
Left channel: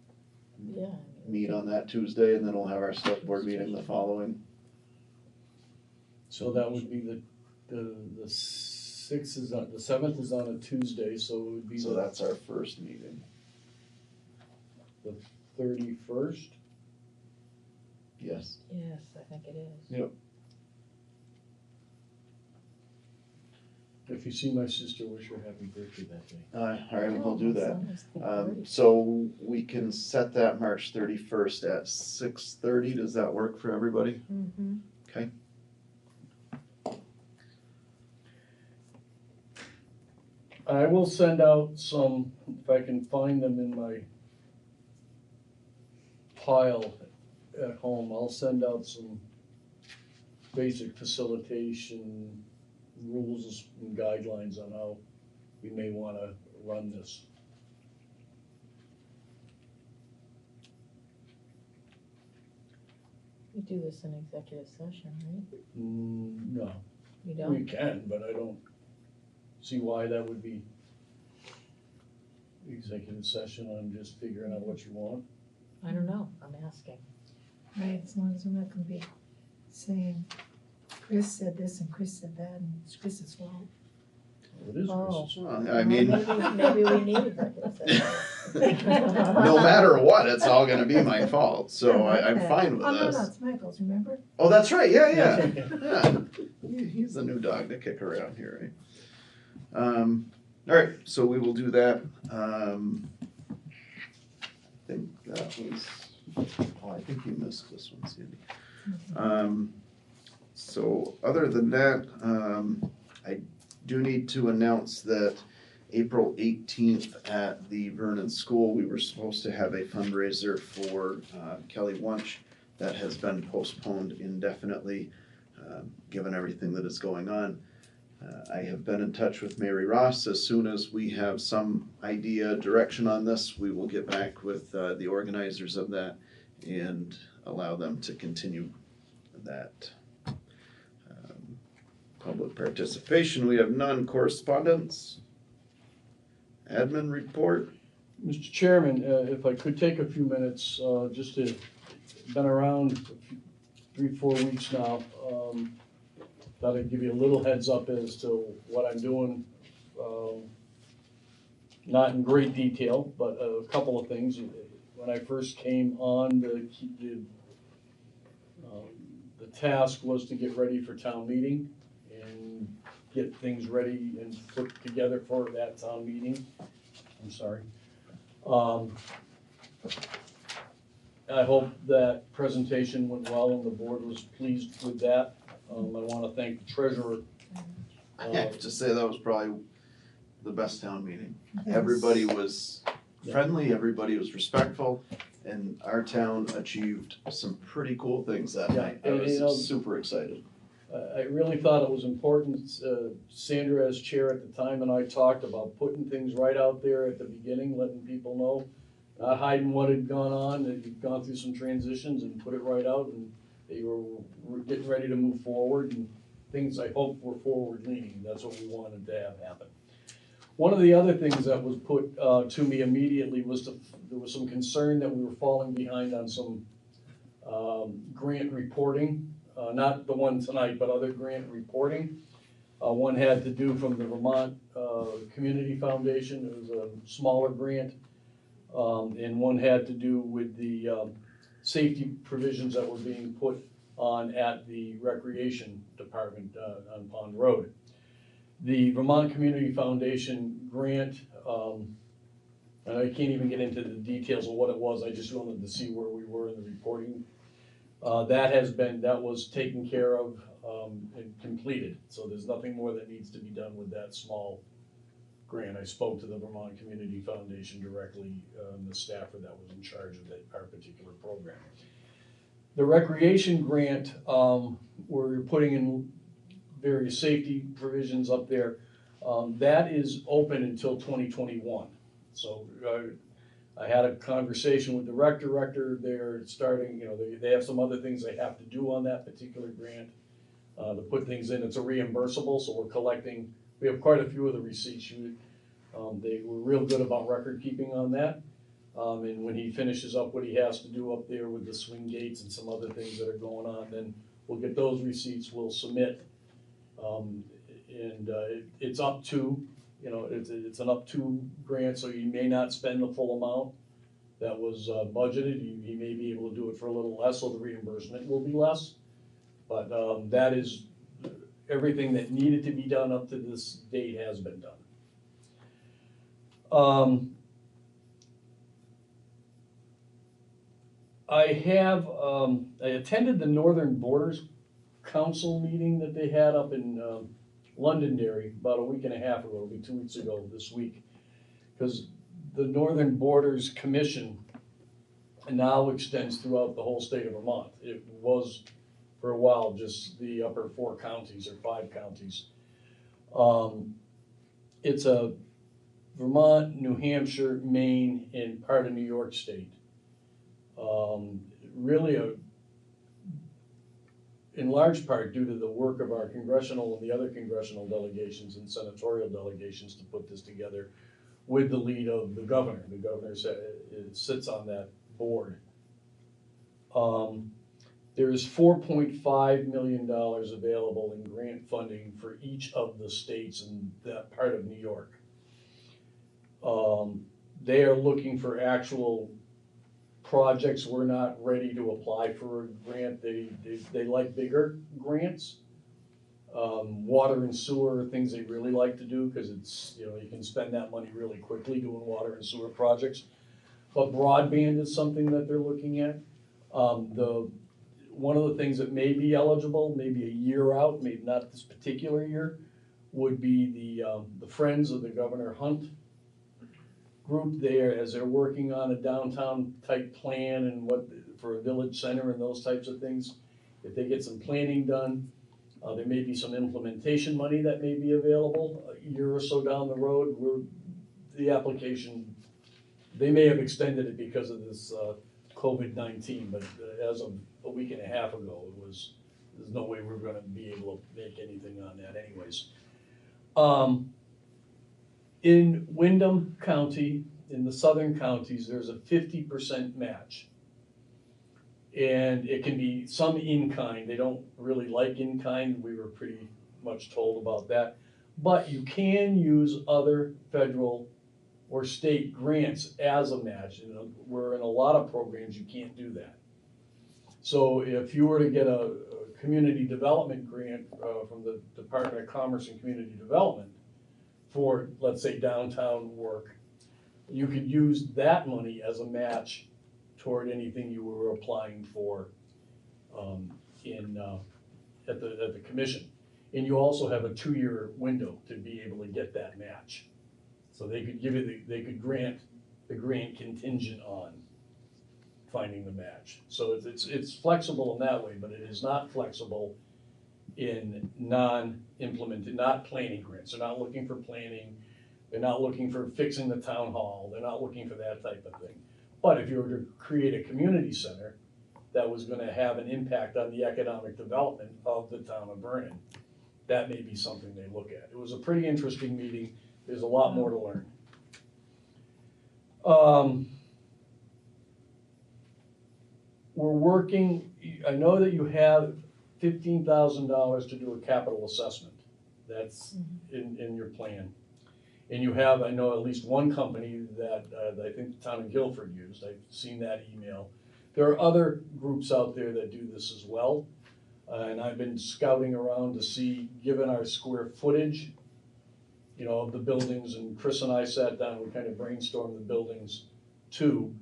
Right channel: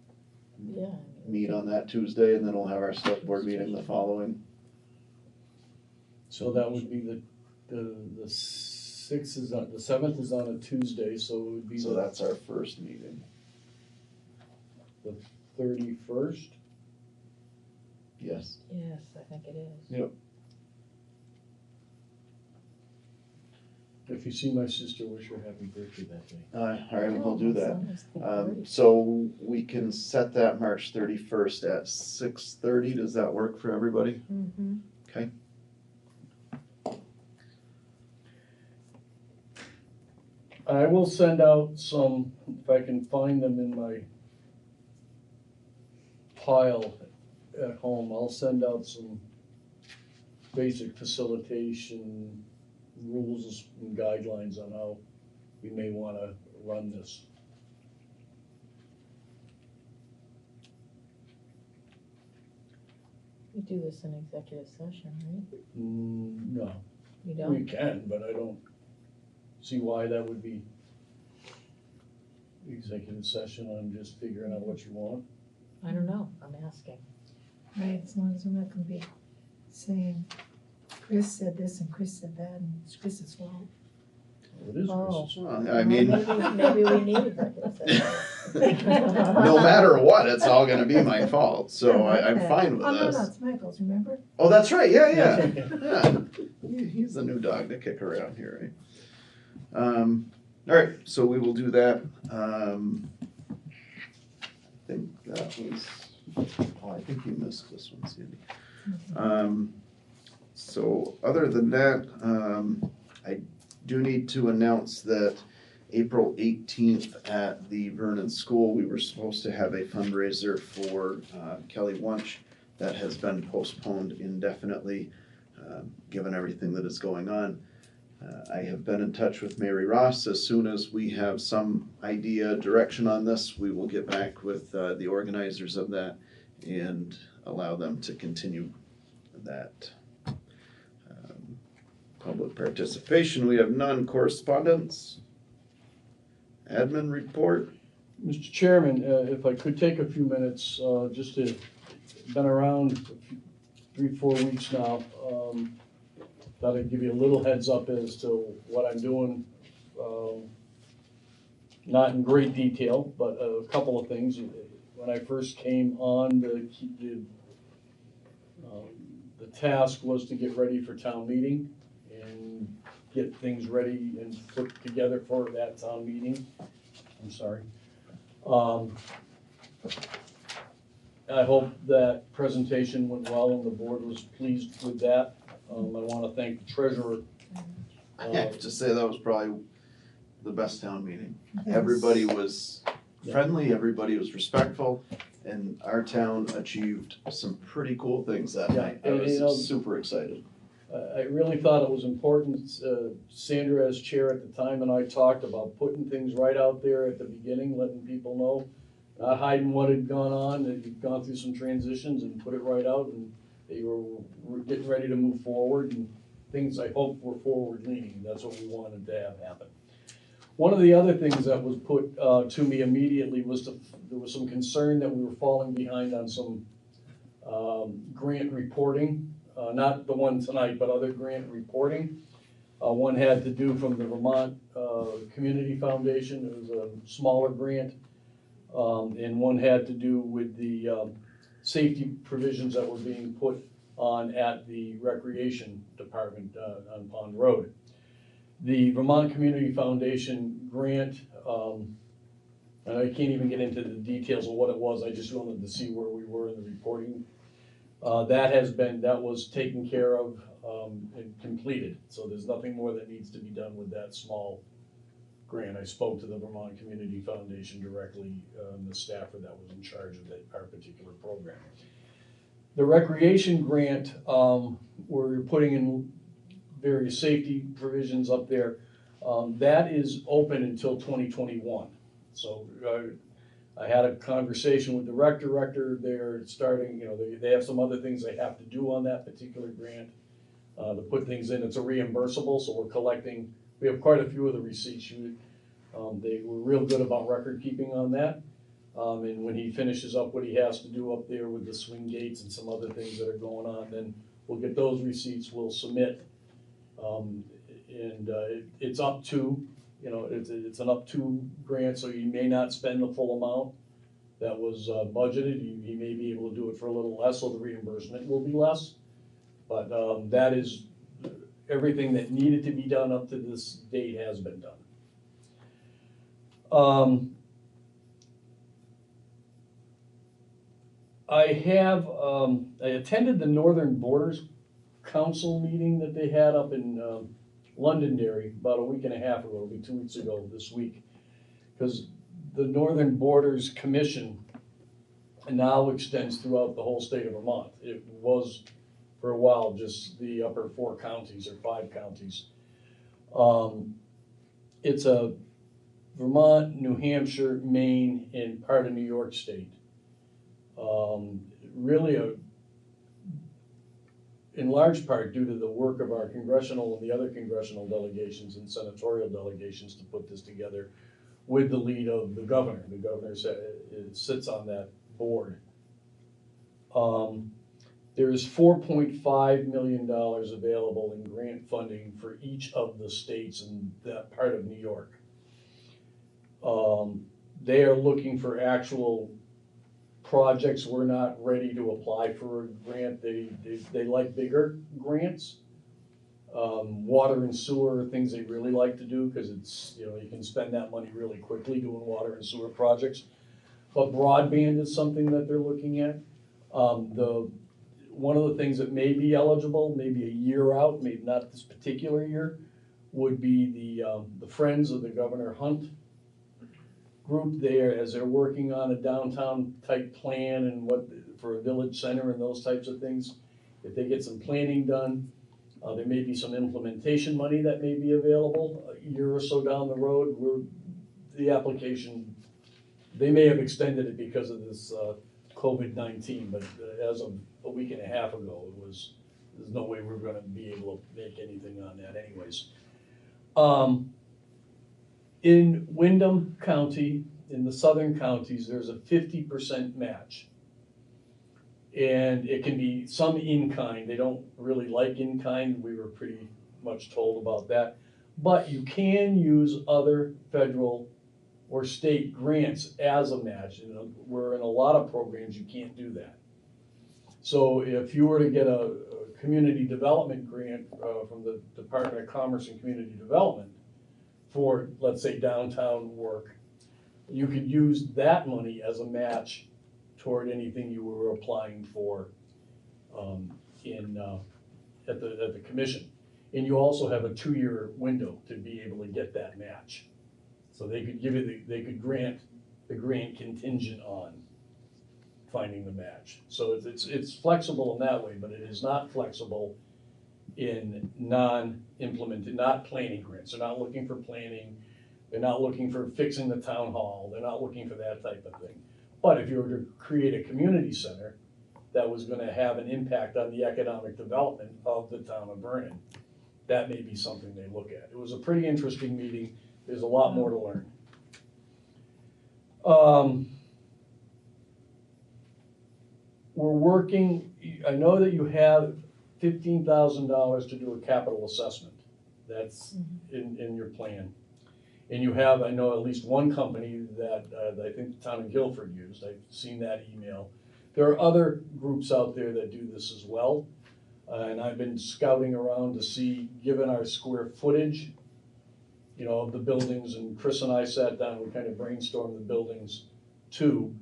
yeah. Meet on that Tuesday, and then we'll have our select board meeting the following. So that would be the 6th is on, the 7th is on a Tuesday, so it would be So the that's our first meeting. 31st. Yes. Yes, I think it is. Yep. If you see my sister, wish her happy birthday that day. All right, we'll do that. Son is the 30th. So we can set that March 31st at 6:30. Does that work for everybody? Mm-hmm. Okay. I will send out some, if I can find them in my pile at home, I'll send out some basic facilitation rules and guidelines on how we may wanna run this. We do this in executive session, right? No, You we don't? can, but I don't see why that would be executive session. I'm just figuring out what you want. I don't know, I'm asking. Right, as long as we're not gonna be saying, Chris said this and Chris said that, and it's Chris's fault. It is Oh. Chris's. Well, I mean, Maybe we need executive session. no matter what, it's all gonna be my fault, so I'm fine with Oh, no, this. no, it's Michael's, remember? Oh, that's right, yeah. He's the new dog to kick around here, right? All right, so we will do that. I think that was, I think you missed this one, Sandy. So other than that, I do need to announce that April 18th at the Vernon School, we were supposed to have a fundraiser for Kelly Wunsch. That has been postponed indefinitely, given everything that is going on. I have been in touch with Mary Ross. As soon as we have some idea, direction on this, we will get back with the organizers of that and allow them to continue that. Public participation, we have none. Correspondence? Admin report? Mr. Chairman, if I could take a few minutes, just to, been around 3-4 weeks now. Thought I'd give you a little heads up as to what I'm doing. Not in great detail, but a couple of things. When I first came on, the task was to get ready for town meeting and get things ready and put together for that town meeting. I'm sorry. I hope that presentation went well and the board was pleased with that. I want to thank the treasurer. I have to say that was probably the best town meeting. Yes. Everybody was friendly, everybody was respectful, and our town achieved some pretty cool things that night. I was super excited. I really thought it was important. Sandra, as chair at the time, and I talked about putting things right out there at the beginning, letting people know, not hiding what had gone on, that you'd gone through some transitions, and put it right out, and that you were getting ready to move forward, and things I hope were forward leaning. That's what we wanted to have happen. One of the other things that was put to me immediately was there was some concern that we were falling behind on some grant reporting. Not the one tonight, but other grant reporting. One had to do from the Vermont Community Foundation. It was a smaller grant. And one had to do with the safety provisions that were being put on at the Recreation Department on Pond Road. The Vermont Community Foundation grant, and I can't even get into the details of what it was, I just wanted to see where we were in the reporting. That was taken care of and completed, so there's nothing more that needs to be done with that small grant. I spoke to the Vermont Community Foundation directly, the staffer that was in charge of our particular program. The recreation grant, we're putting in various safety provisions up there. That is open until 2021. So I had a conversation with the rector. They're starting, they have some other things they have to do on that particular grant to put things in. It's a reimbursable, so we're collecting. We have quite a few of the receipts. They were real good about record keeping on that. And when he finishes up what he has to do up there with the swing gates and some other things that are going on, then we'll get those receipts, we'll submit. It's up to, it's an up to grant, so you may not spend the full amount that was budgeted. You may be able to do it for a little less, so the reimbursement will be less. But that is, everything that needed to be done up to this date has been done. I attended the Northern Borders Council meeting that they had up in Londonderry about a week and a half ago. It'll be 2 weeks ago this week, because the Northern Borders Commission now extends throughout the whole state of Vermont. It was for a while just the upper 4 counties or 5 counties. It's a Vermont, New Hampshire, Maine, and part of New York State. Really in large part due to the work of our congressional and the other congressional delegations and senatorial delegations to put this together with the lead of the governor. The governor sits on that board. There is $4.5 million available in grant funding for each of the states in that part of New York. They are looking for actual projects. We're not ready to apply for a grant. They like bigger grants. Water and sewer are things they really like to do because it's, you know, you can spend that money really quickly doing water and sewer projects. But broadband is something that they're looking at. One of the things that may be eligible, maybe a year out, maybe not this particular year, would be the Friends of the Governor Hunt group there, as they're working on a downtown type plan and what, for a village center and those types of things. If they get some planning done, there may be some implementation money that may be available a year or so down the road. The application, they may have extended it because of this COVID-19, but as of a week and a half ago, there's no way we're gonna be able to make anything on that anyways. In Windham County, in the southern counties, there's a 50% match. And it can be some in-kind. They don't really like in-kind. We were pretty much told about that. But you can use other federal or state grants as a match. You know, where in a lot of programs you can't do that. So if you were to get a community development grant from the Department of Commerce and Community Development for, let's say, downtown work, you could use that money as a match toward anything you were applying for at the commission. And you also have a 2-year window to be able to get that match. So they could give you they could grant the grant contingent on finding the match. So it's flexible in that way, but it is not flexible in non-implemented, not planning grants. They're not looking for planning. They're not looking for fixing the town hall. They're not looking for that type of thing. But if you were to create a community center that was gonna have an impact on the economic development of the town of Vernon, that may be something they look at. It was a pretty interesting meeting. There's a lot more to learn. We're working, I know that you have $15,000 to do a capital assessment. That's in your plan. And you have, I know, at least one company that I think the town of Guilford used. I've seen that email. There are other groups out there that do this as well. And I've been scouting around to see, given our square footage, you know, of the buildings, and Chris and I sat down, we kind of brainstormed the buildings too.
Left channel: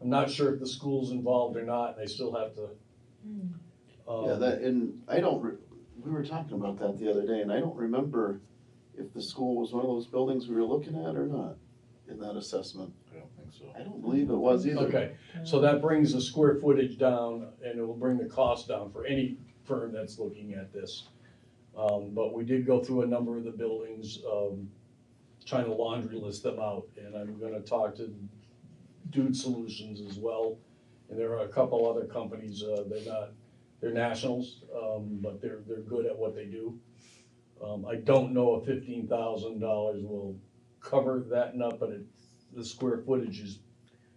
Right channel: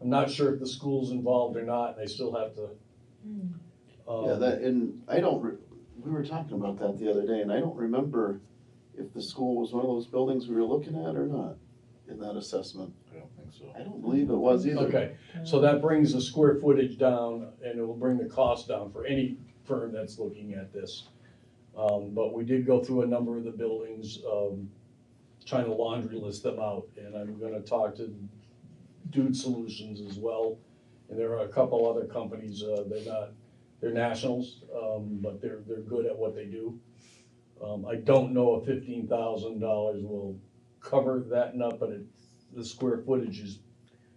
I'm not sure if the school's involved or not, and they still have to. And I don't, we were talking about that the other day, and I don't remember if the school was one of those buildings we were looking at or not in that assessment. I don't think so. I don't believe it was either. Okay, so that brings the square footage down, and it will bring the cost down for any firm that's looking at this. But we did go through a number of the buildings, trying to laundry list them out, and I'm gonna talk to Dude Solutions as well. And there are a couple other companies, they're nationals, but they're good at what they do. I don't know if $15,000 will cover that enough, but the square footage is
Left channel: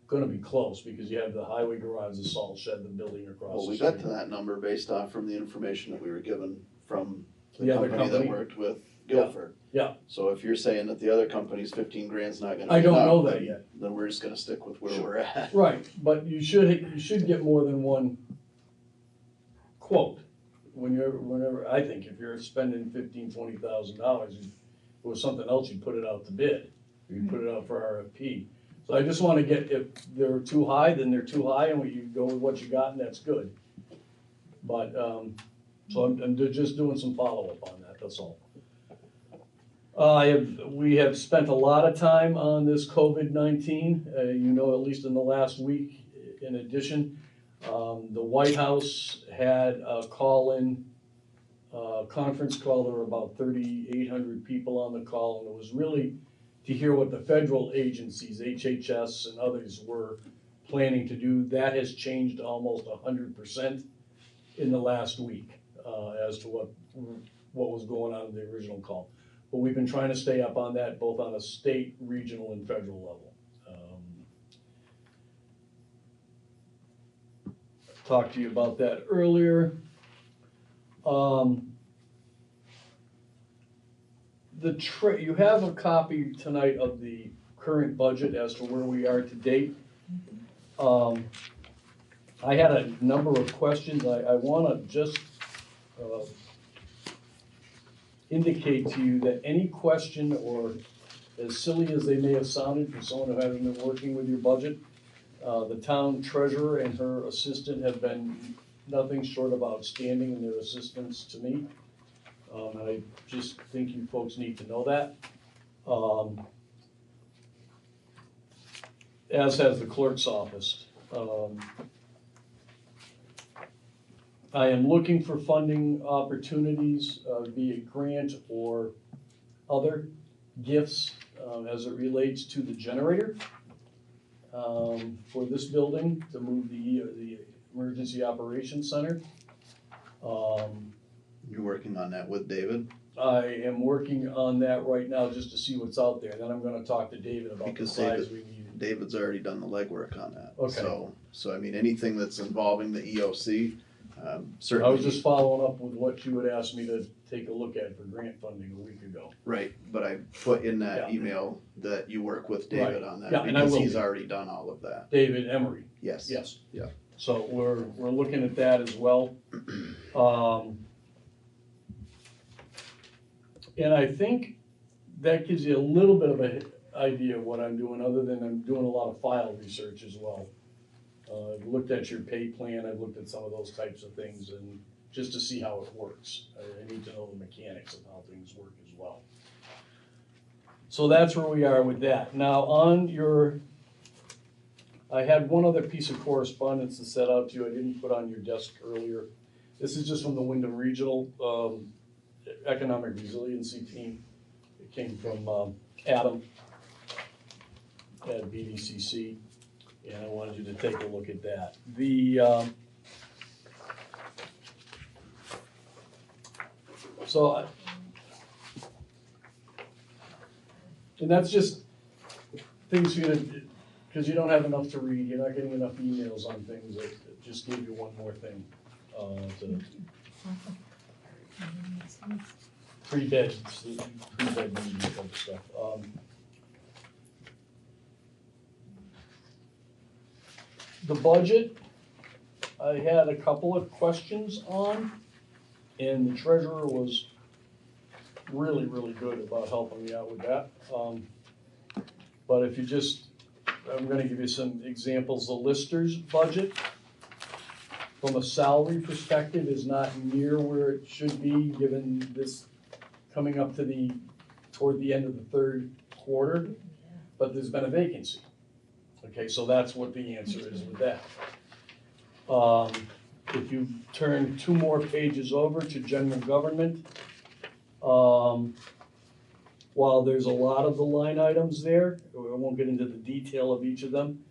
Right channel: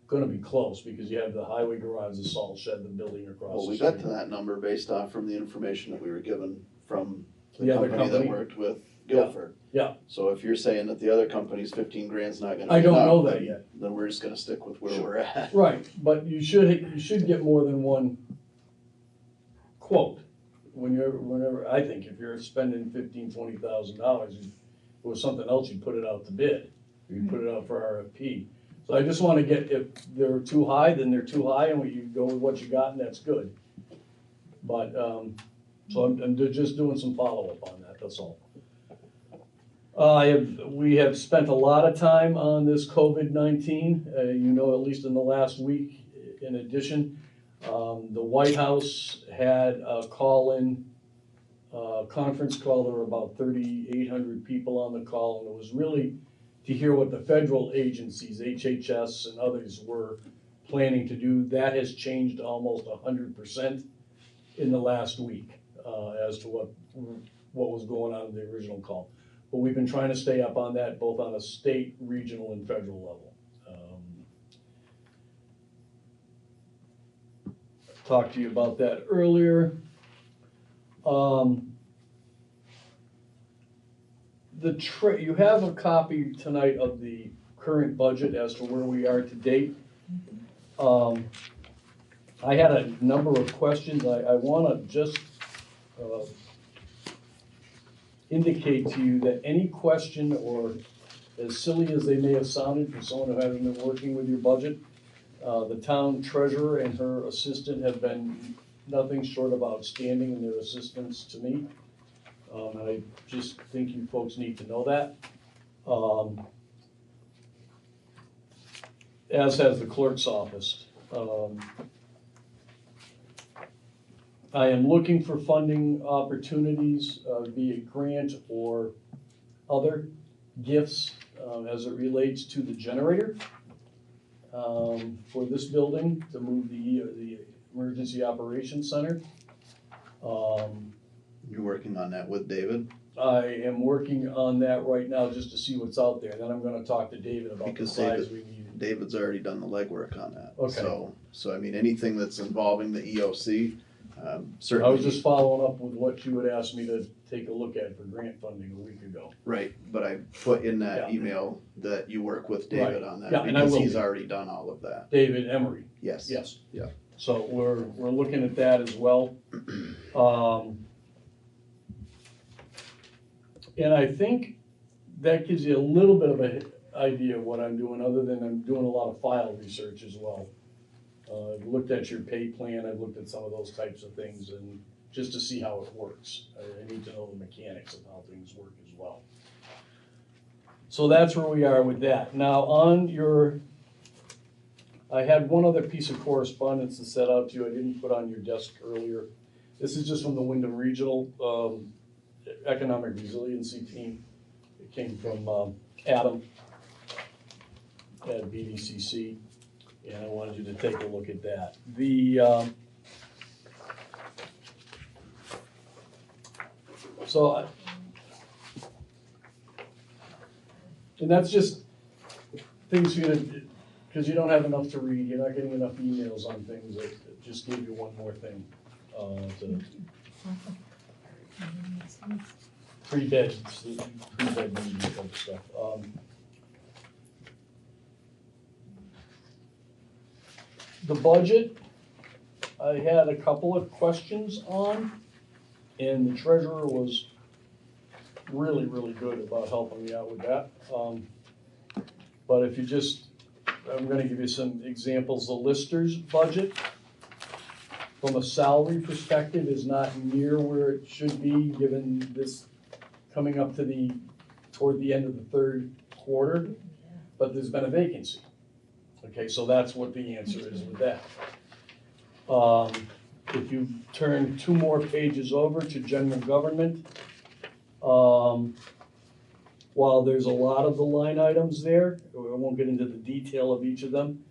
gonna be close, because you have the highway garage, the salt shed, the building across Well, the we street. got to that number based off from the information that we were given from the The other company that company? worked with Guilford. Yeah. So if you're saying that the other company's 15 grand's not gonna I be don't enough, know that then- yet. Then we're just gonna stick with where we're at. Right, but you should get more than one quote. Whenever, I think if you're spending $15,000-$20,000, if it was something else, you'd put it out to bid. You'd put it out for RFP. So I just wanna get, if they're too high, then they're too high, and you go with what you got, and that's good. But, so I'm just doing some follow-up on that, that's all. We have spent a lot of time on this COVID-19, you know, at least in the last week. In addition, the White House had a call-in conference call. There were about 3,800 people on the call, and it was really to hear what the federal agencies, HHS and others, were planning to do. That has changed almost 100% in the last week as to what was going on in the original call. But we've been trying to stay up on that, both on a state, regional, and federal level. talked to you about that earlier. You have a copy tonight of the current budget as to where we are to date. I had a number of questions. I wanna just, indicate to you that any question, or as silly as they may have sounded for someone who hasn't been working with your budget, the town treasurer and her assistant have been nothing short of outstanding in their assistance to me. And I just think you folks need to know that. As has the clerk's office. I am looking for funding opportunities, be it grant or other gifts, as it relates to the generator, for this building, to move the Emergency Operations Center. You're working on that with David? I am working on that right now just to see what's out there, and then I'm gonna talk to David about the Because size we need. David's already done the legwork on that. Okay. So I mean, anything that's involving the EOC, I certainly. was just following up with what you had asked me to take a look at for grant funding a week ago. Right, but I put in that Yeah. email that you work with David Right. on that, Yeah, and I because will he's be. already done all of that. David Emery. Yes. Yes. Yeah. So we're looking at that as well. And I think that gives you a little bit of an idea of what I'm doing, other than I'm doing a lot of file research as well. I've looked at your pay plan, I've looked at some of those types of things, and just to see how it works. I need to know the mechanics of how things work as well. So that's where we are with that. Now, I had one other piece of correspondence to set out to you I didn't put on your desk earlier. This is just from the Wyndham Regional Economic Resiliency Team. It came from Adam at BDCC, and I wanted you to take a look at that. And that's just things for you to, because you don't have enough to read, you're not getting enough emails on things, that just gave you one more thing. Three bed meeting type of stuff. The budget, I had a couple of questions on, and the treasurer was really, really good about helping me out with that. But if you just, I'm gonna give you some examples. The Lister's budget, from a salary perspective, is not near where it should be, given this coming up to toward the end of the third quarter, but there's been a vacancy. Okay, so that's what the answer is with that. If you turn 2 more pages over to general government, while there's a lot of the line items there, I won't get into the detail of each of them,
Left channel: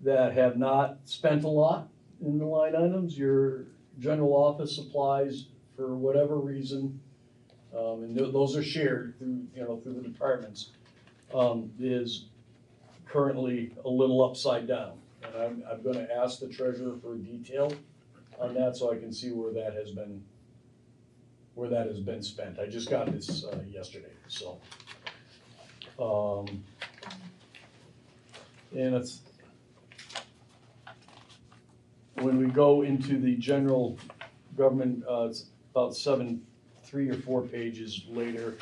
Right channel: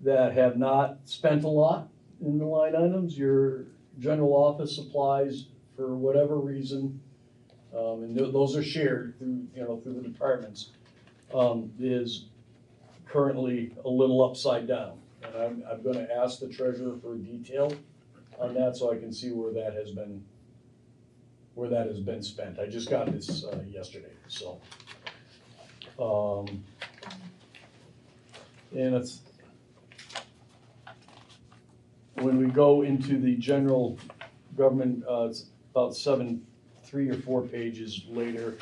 that have not spent a lot in the line items, your general office supplies, for whatever reason, and those are shared through the departments, is currently a little upside down. And I'm gonna ask the treasurer for detail on that, so I can see where that has been spent. I just got this yesterday, so. And it's, when we go into the general government, it's about 3 or 4 pages later,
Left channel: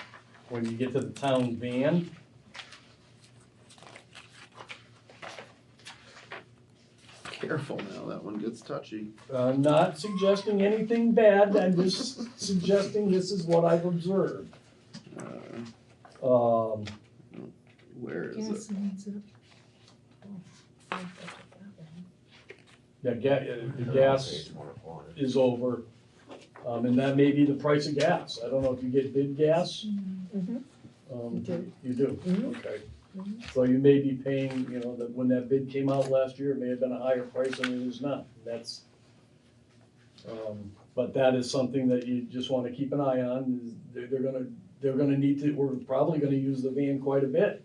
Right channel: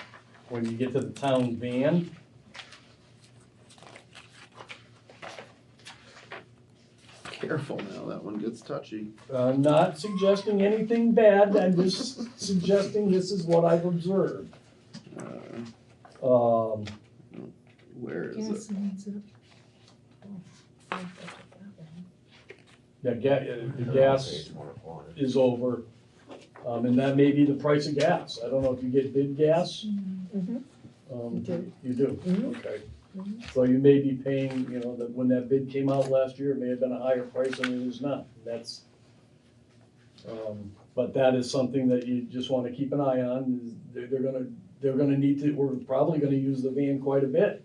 when you get to the town van. Careful now, that one gets touchy. I'm not suggesting anything bad, I'm just suggesting this is what I've observed. Where is Gas it? needs it. The gas is over, and that may be the price of gas. I don't know if you get bid gas. You do, okay. So you may be paying, that when that bid came out last year, it may have been a higher price than it is now. That's, but that is something that you just wanna keep an eye on. They're gonna need to, we're probably gonna use the van quite a bit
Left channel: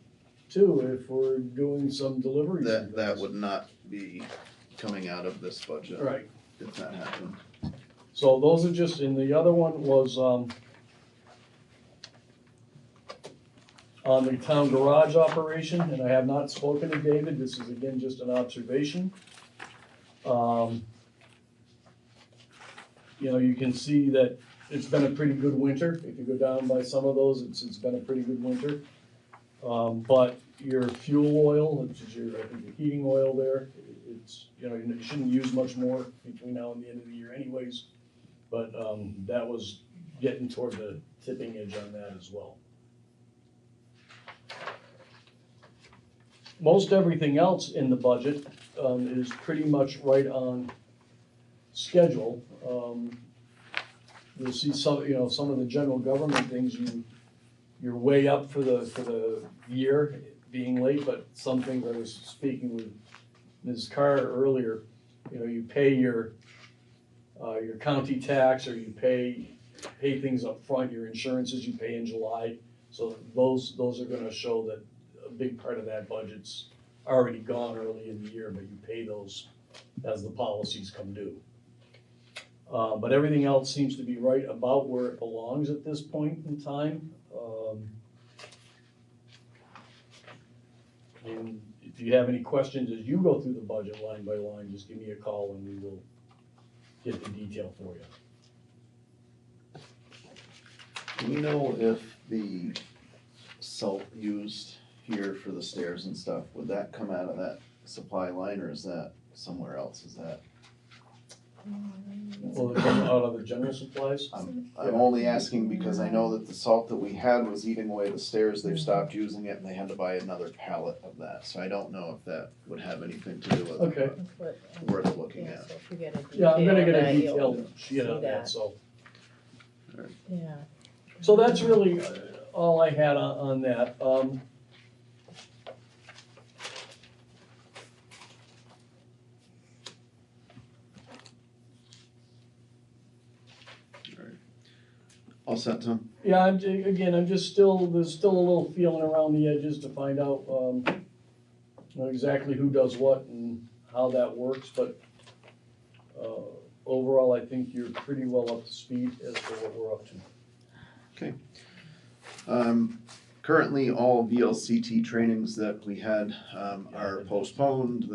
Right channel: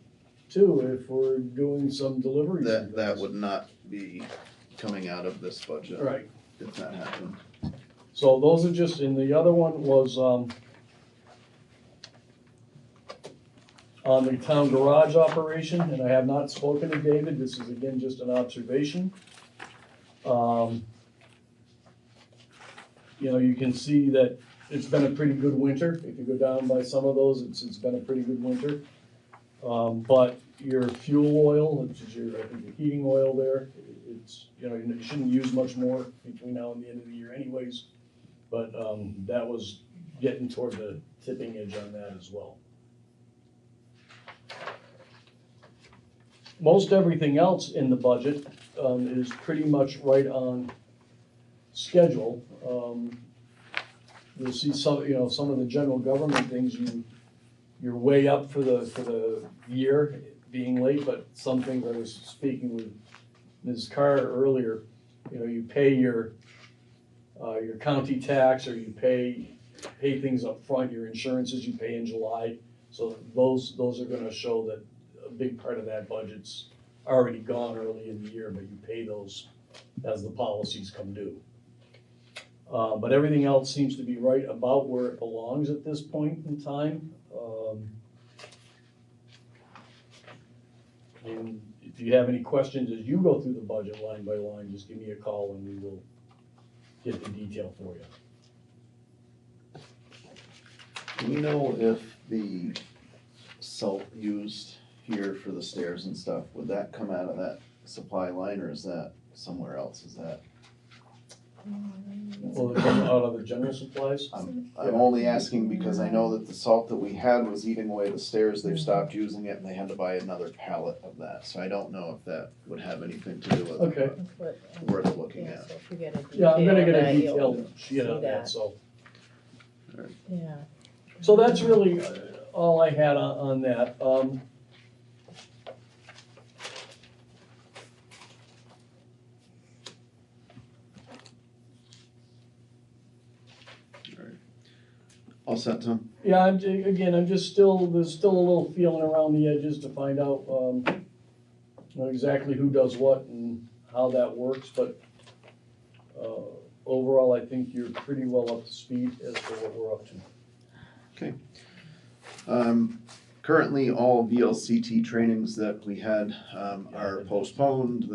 too, if we're doing some deliveries. That would not be coming out of this budget. Right, if that happened. So those are just, and the other one was, on the town garage operation, and I have not spoken to David, this is again just an observation. You know, you can see that it's been a pretty good winter, if you go down by some of those, it's been a pretty good winter. But your fuel oil, which is your, I think your heating oil there, it's, you know, you shouldn't use much more between now and the end of the year anyways. But, that was getting toward the tipping edge on that as well. Most everything else in the budget, is pretty much right on schedule. You'll see some, you know, some of the general government things, you're way up for the year being late, but some things, I was speaking with Ms. Carr earlier, you know, you pay your county tax, or you pay things up front, your insurances you pay in July. So those are gonna show that a big part of that budget's already gone early in the year, but you pay those as the policies come due. But everything else seems to be right about where it belongs at this point in time. And if you have any questions as you go through the budget line by line, just give me a call and we will get the detail for you. Do we know if the salt used here for the stairs and stuff, would that come out of that supply line, or is that somewhere else? Is that? Will it come out of the general supplies? I'm only asking because I know that the salt that we had was eating away the stairs, they've stopped using it, and they had to buy another pallet of that, so I don't know if that would have anything to do with it. Okay. Worth looking at. So if you get a Yeah, I'm gonna get a detail, detailed you'll sheet on see that, so. Yeah. So that's really all I had on that. All set, Tom? Yeah, I'm just still, there's still a little feeling around the edges to find out, you know, exactly who does what and how that works, but, overall, I think you're pretty well up to speed as to what we're up to. Okay. Currently, all VLCT trainings that we had, are postponed,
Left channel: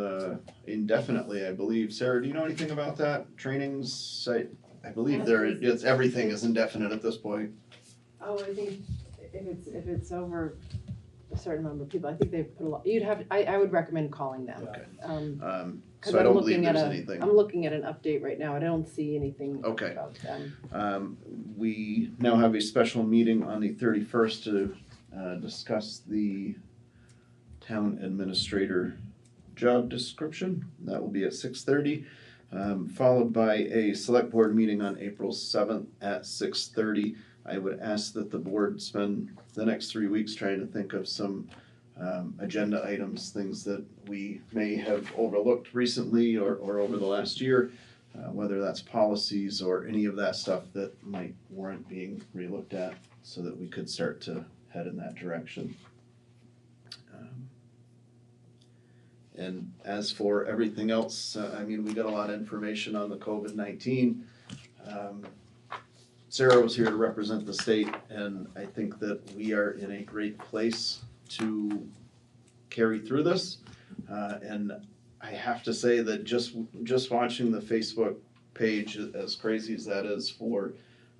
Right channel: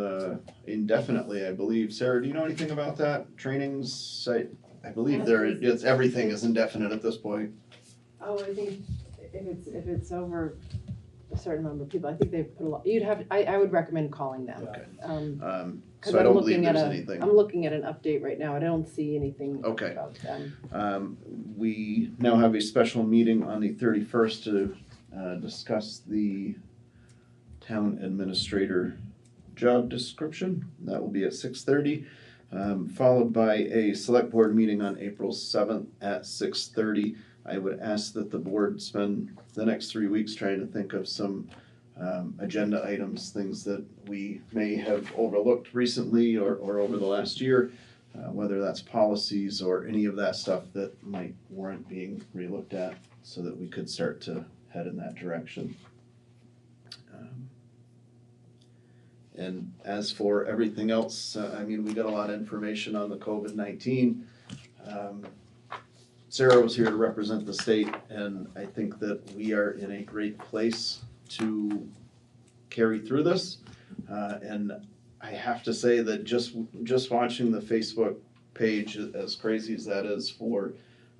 indefinitely, I believe. Sarah, do you know anything about that? Trainings, I believe everything is indefinite at this point. Oh, I think if it's over a certain number of people, I think they put a lot, I would recommend calling them. Okay. 'Cause So I I'm don't looking believe at there's anything. I'm looking at an update right now, I don't see anything Okay. about them. We now have a special meeting on the 31st to discuss the town administrator job description. That will be at 6:30, followed by a select board meeting on April 7th at 6:30. I would ask that the board spend the next 3 weeks trying to think of some agenda items, things that we may have overlooked recently or over the last year, whether that's policies or any of that stuff that might warrant being relooked at, so that we could start to head in that direction. And as for everything else, I mean, we got a lot of information on the COVID-19. Sarah was here to represent the state, and I think that we are in a great place to carry through this. And I have to say that just watching the Facebook page, as crazy as that is for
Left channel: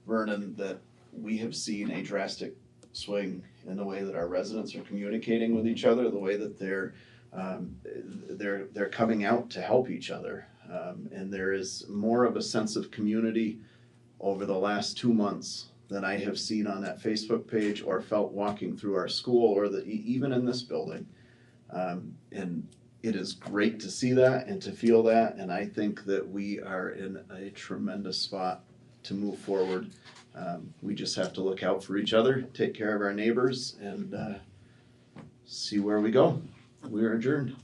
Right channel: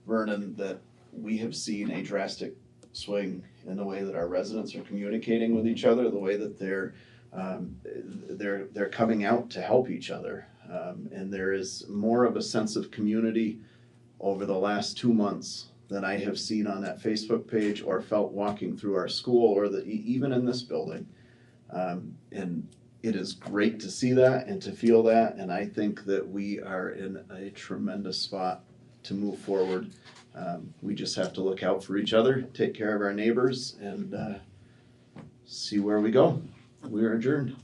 Vernon, that we have seen a drastic swing in the way that our residents are communicating with each other, the way that they're coming out to help each other. And there is more of a sense of community over the last 2 months than I have seen on that Facebook page or felt walking through our school or even in this building. And it is great to see that and to feel that, and I think that we are in a tremendous spot to move forward. We just have to look out for each other, take care of our neighbors, and see where we go. We are adjourned.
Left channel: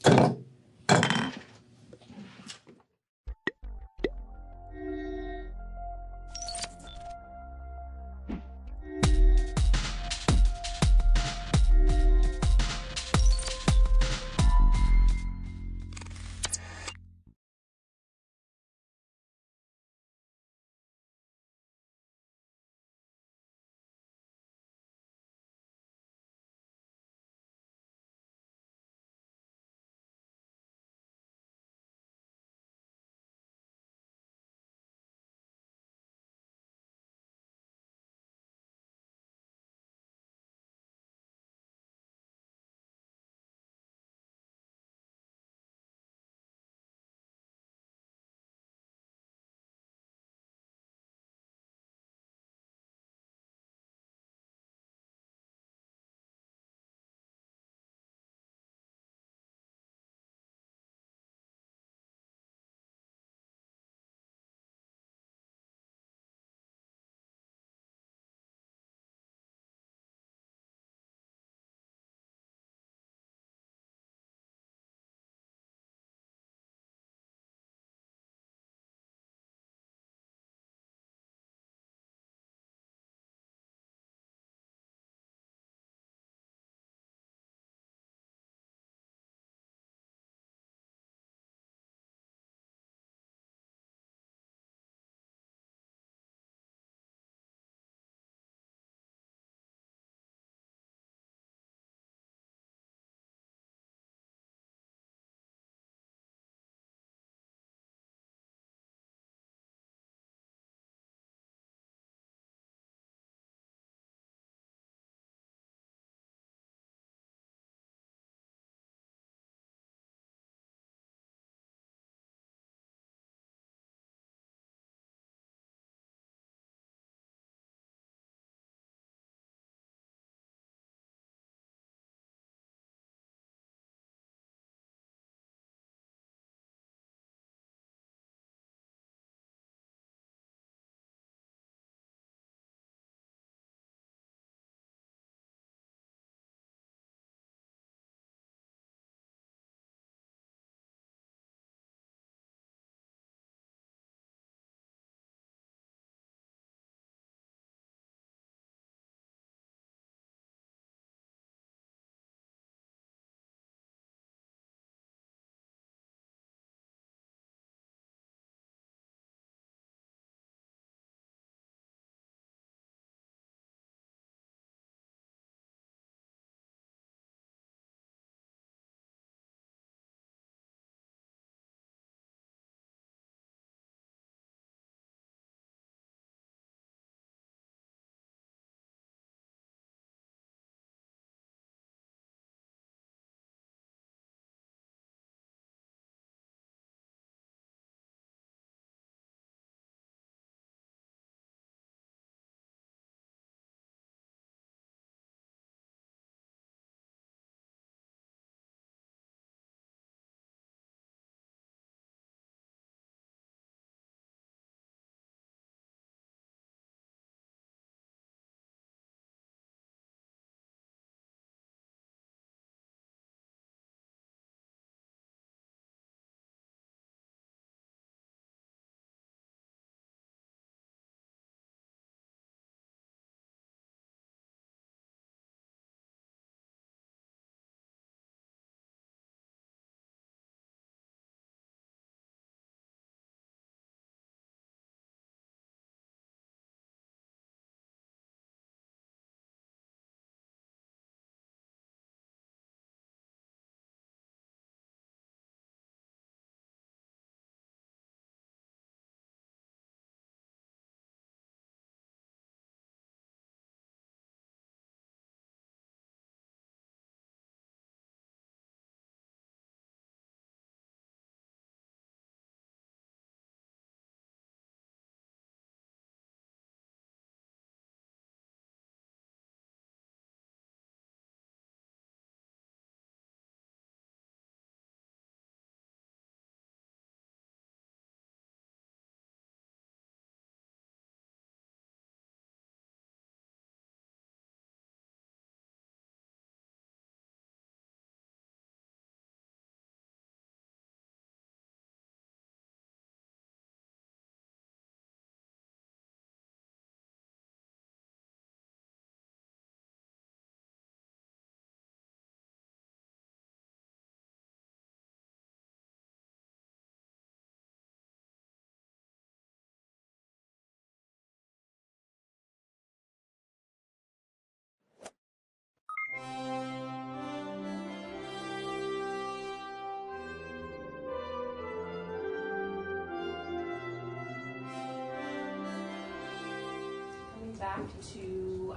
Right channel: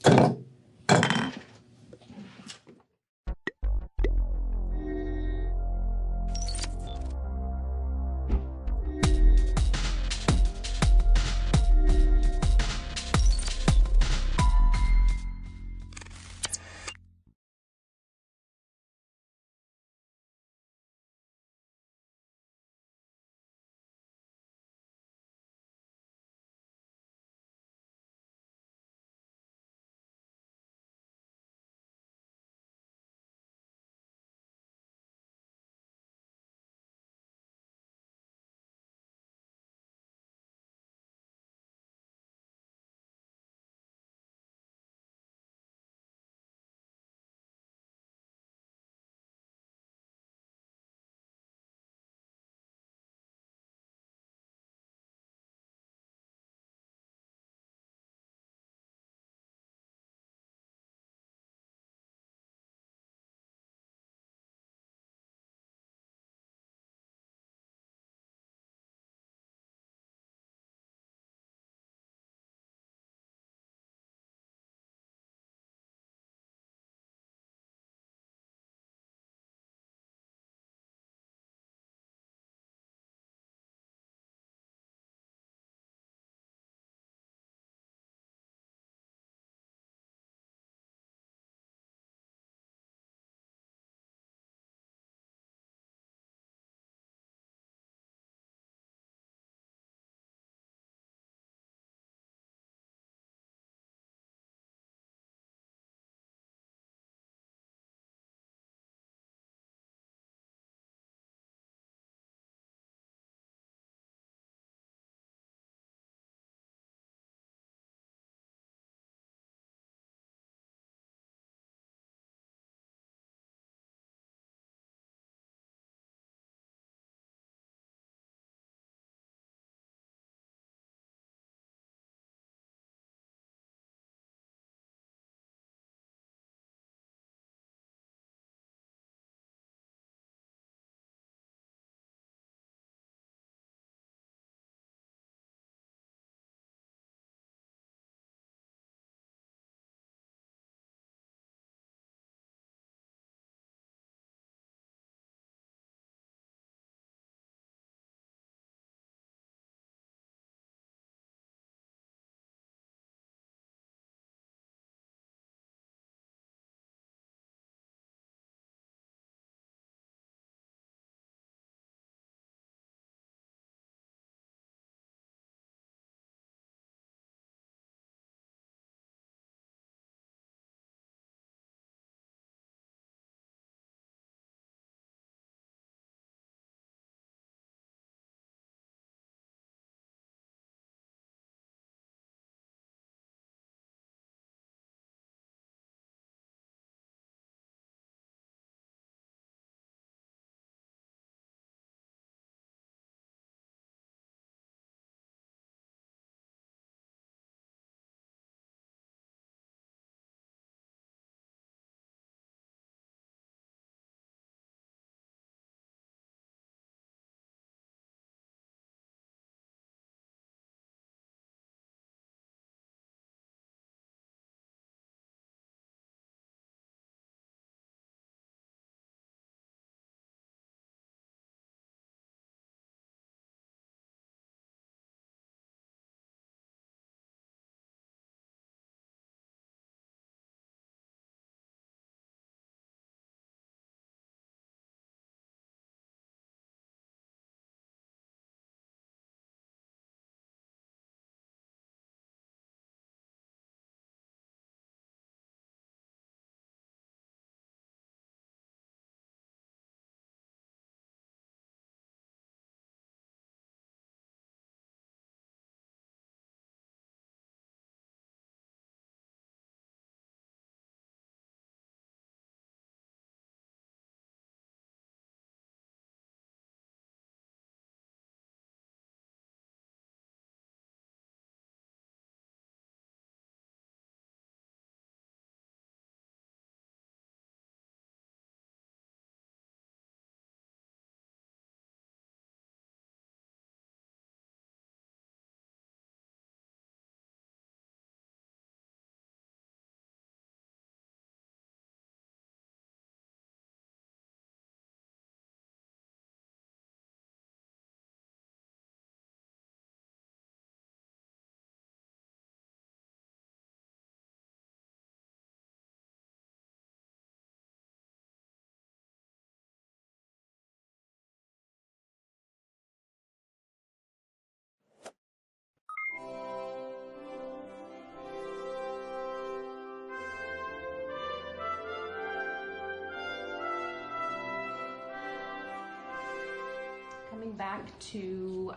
back to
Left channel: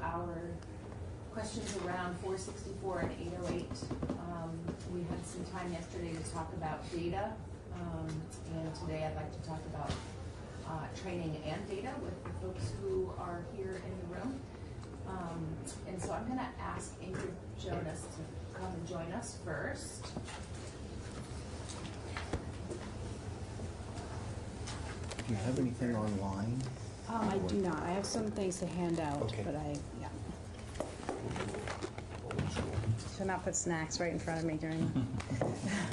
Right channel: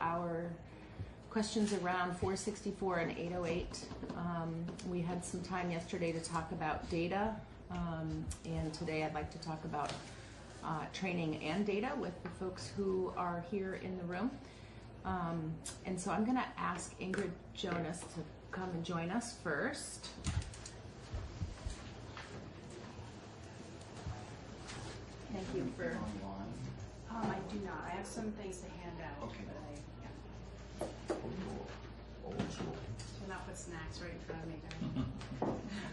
our questions around 464 and 808. We had some time yesterday to talk about data, and today I'd like to talk about training and data with the folks who are here in the room. And so I'm going to ask Ingrid Jonas to come and join us first. Do you have anything online? I do not. I have some things to hand out, Okay. but should not put snacks right in front of me during.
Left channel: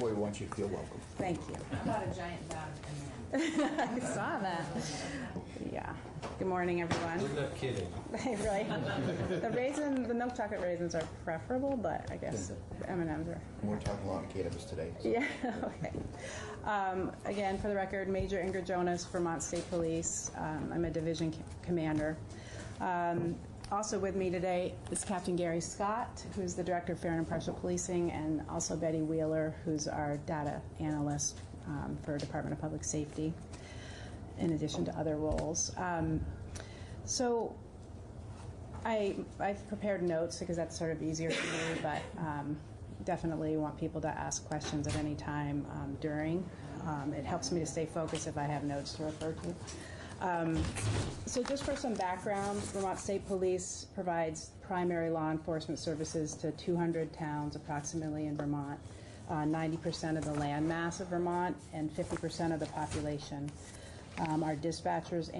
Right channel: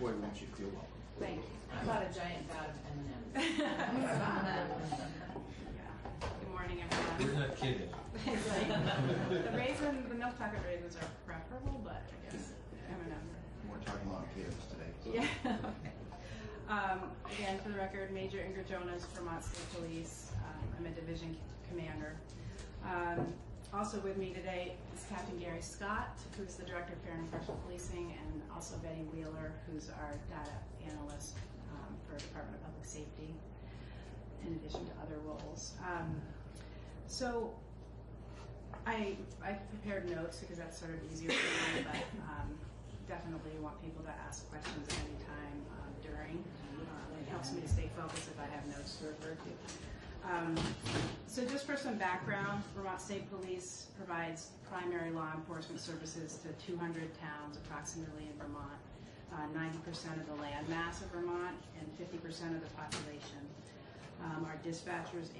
Boy, won't you feel welcome. Thank you. How about a giant vat of M&Ms? I saw that. Yeah. Good morning, everyone. We're not kidding. Right. The milk chocolate raisins are preferable, but I guess M&Ms are. We're talking a lot of cannabis today. So. Yeah. Okay. Again, for the record, Major Ingrid Jonas, Vermont State Police. I'm a division commander. Also with me today is Captain Gary Scott, who's the Director of Fair and Impartial Policing, and also Betty Wheeler, who's our data analyst for Department of Public Safety, in addition to other roles. So I've prepared notes because that's sort of easier for me, but definitely want people to ask questions at any time during. It helps me to stay focused if I have notes to refer to. So just for some background, Vermont State Police provides primary law enforcement services to 200 towns approximately in Vermont, 90% of the land mass of Vermont, and 50% of the population. Our dispatchers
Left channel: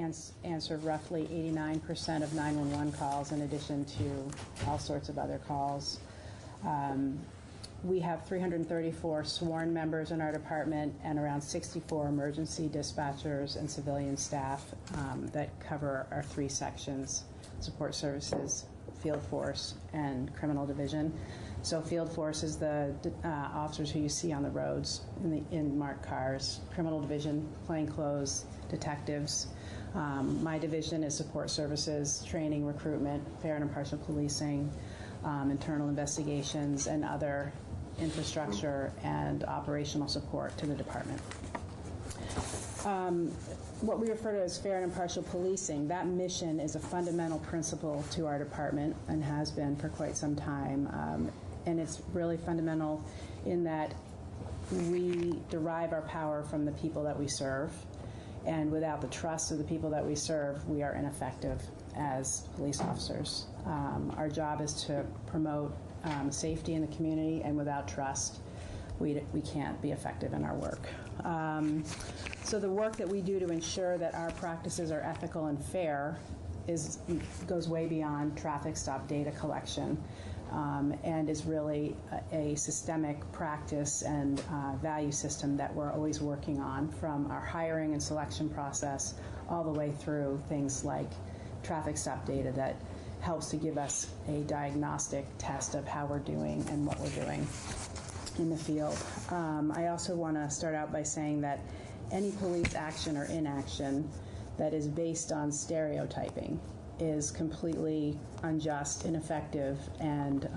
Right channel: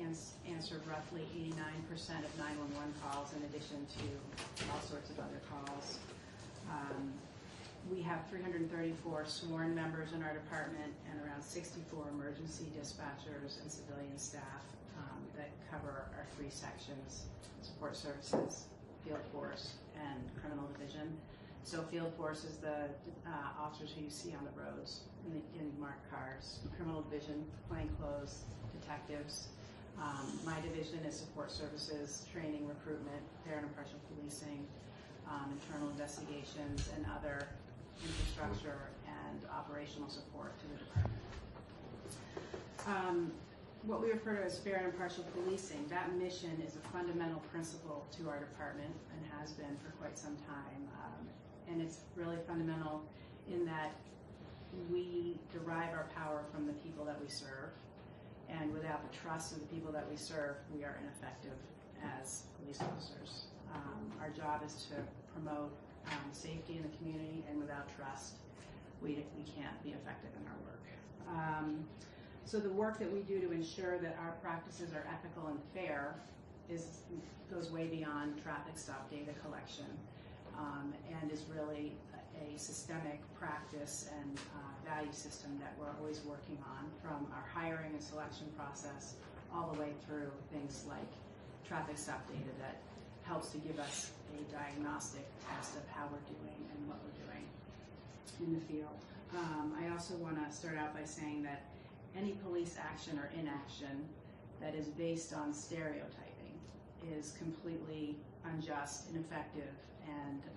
answer roughly 89% of 911 calls, in addition to all sorts of other calls. We have 334 sworn members in our department and around 64 emergency dispatchers and civilian staff that cover our three sections: support services, field force, and criminal division. So field force is the officers who you see on the roads in marked cars. Criminal division, plainclothes, detectives. My division is support services, training, recruitment, fair and impartial policing, internal investigations, and other infrastructure and operational support to the department. What we refer to as fair and impartial policing, that mission is a fundamental principle to our department and has been for quite some time. And it's really fundamental in that we derive our power from the people that we serve. And without the trust of the people that we serve, we are ineffective as police officers. Our job is to promote safety in the community, and without trust, we can't be effective in our work. So the work that we do to ensure that our practices are ethical and fair goes way beyond traffic stop data collection, and is really a systemic practice and value system that we're always working on, from our hiring and selection process all the way through things like traffic stop data that helps to give us a diagnostic test of how we're doing and what we're doing in the field. I also want to start out by saying that any police action or inaction that is based on stereotyping is completely unjust, ineffective, and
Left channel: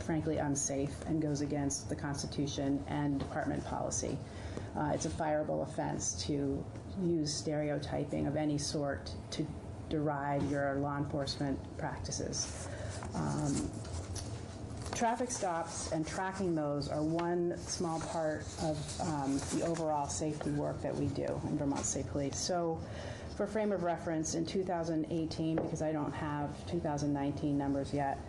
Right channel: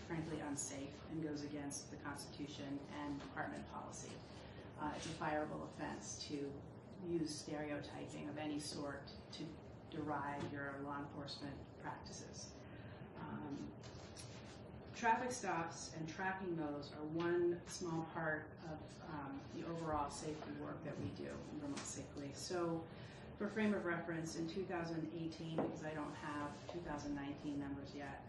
frankly unsafe, and goes against the Constitution and department policy. It's a fireable offense to use stereotyping of any sort to derive your law enforcement practices. Traffic stops and tracking those are one small part of the overall safety work that we do in Vermont State Police. So for frame of reference, in 2018, because I don't have 2019 numbers yet,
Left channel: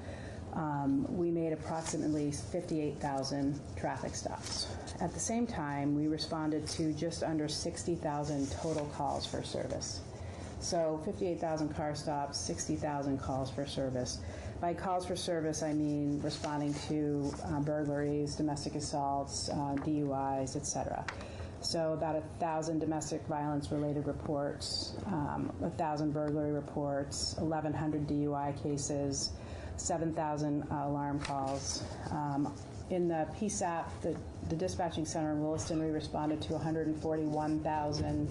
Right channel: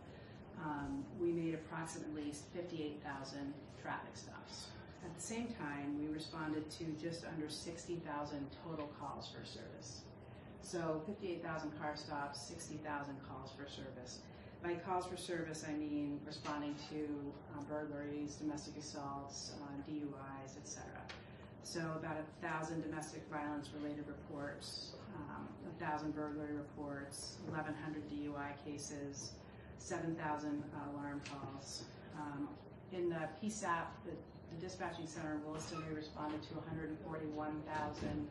we made approximately 58,000 traffic stops. At the same time, we responded to just under 60,000 total calls for service. So 58,000 car stops, 60,000 calls for service. By calls for service, I mean responding to burglaries, domestic assaults, DUIs, etc. So about 1,000 domestic violence-related reports, 1,000 burglary reports, 1,100 DUI cases, 7,000 alarm calls. In the PSAP, the dispatching center in Williston, we responded to 141,000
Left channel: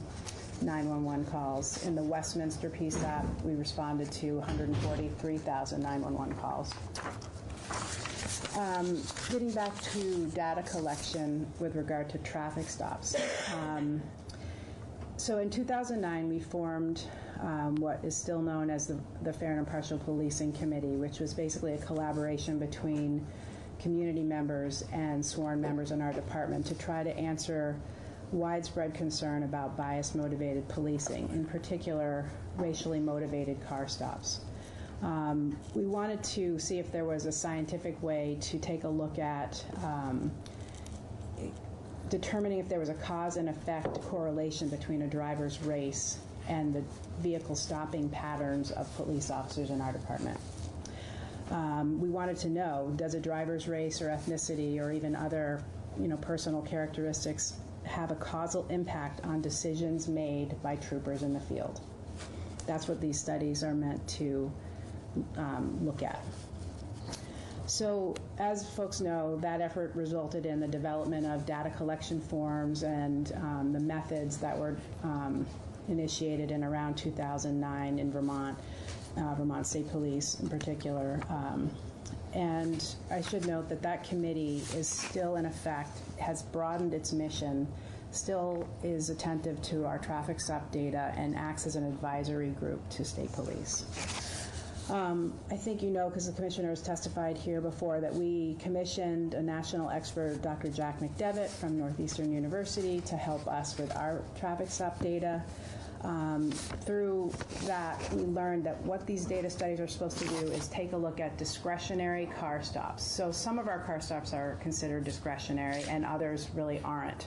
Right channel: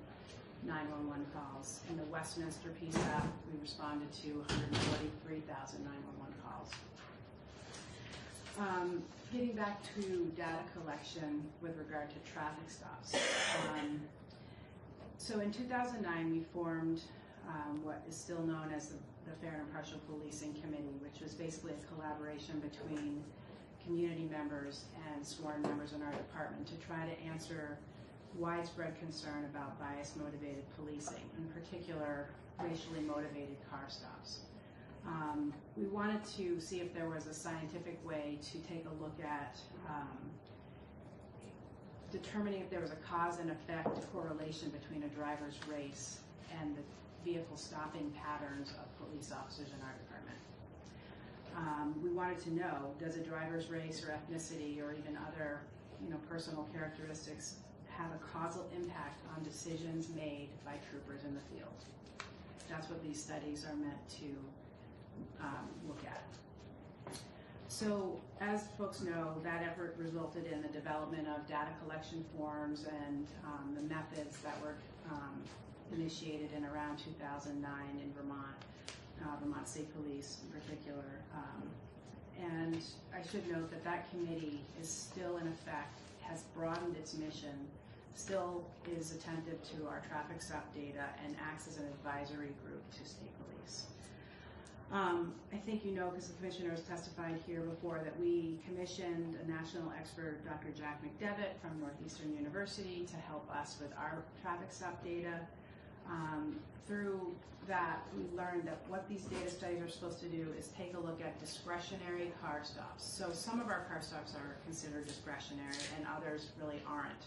911 calls. In the Westminster PSAP, we responded to 143,000 911 calls. Getting back to data collection with regard to traffic stops. So in 2009, we formed what is still known as the Fair and Impartial Policing Committee, which was basically a collaboration between community members and sworn members in our department to try to answer widespread concern about bias-motivated policing, in particular racially motivated car stops. We wanted to see if there was a scientific way to take a look at determining if there was a cause and effect correlation between a driver's race and the vehicle stopping patterns of police officers in our department. We wanted to know, does a driver's race or ethnicity or even other personal characteristics have a causal impact on decisions made by troopers in the field? That's what these studies are meant to look at. So, as folks know, that effort resulted in the development of data collection forms and the methods that were initiated in around 2009 in Vermont, Vermont State Police in particular. And I should note that that committee is still in effect, has broadened its mission, still is attentive to our traffic stop data, and acts as an advisory group to state police. I think you know, because the commissioner has testified here before, that we commissioned a national expert, Dr. Jack McDevitt from Northeastern University, to help us with our traffic stop data. Through that, we learned that what these data studies are supposed to do is take a look at discretionary car stops. So some of our car stops are considered discretionary and others really aren't.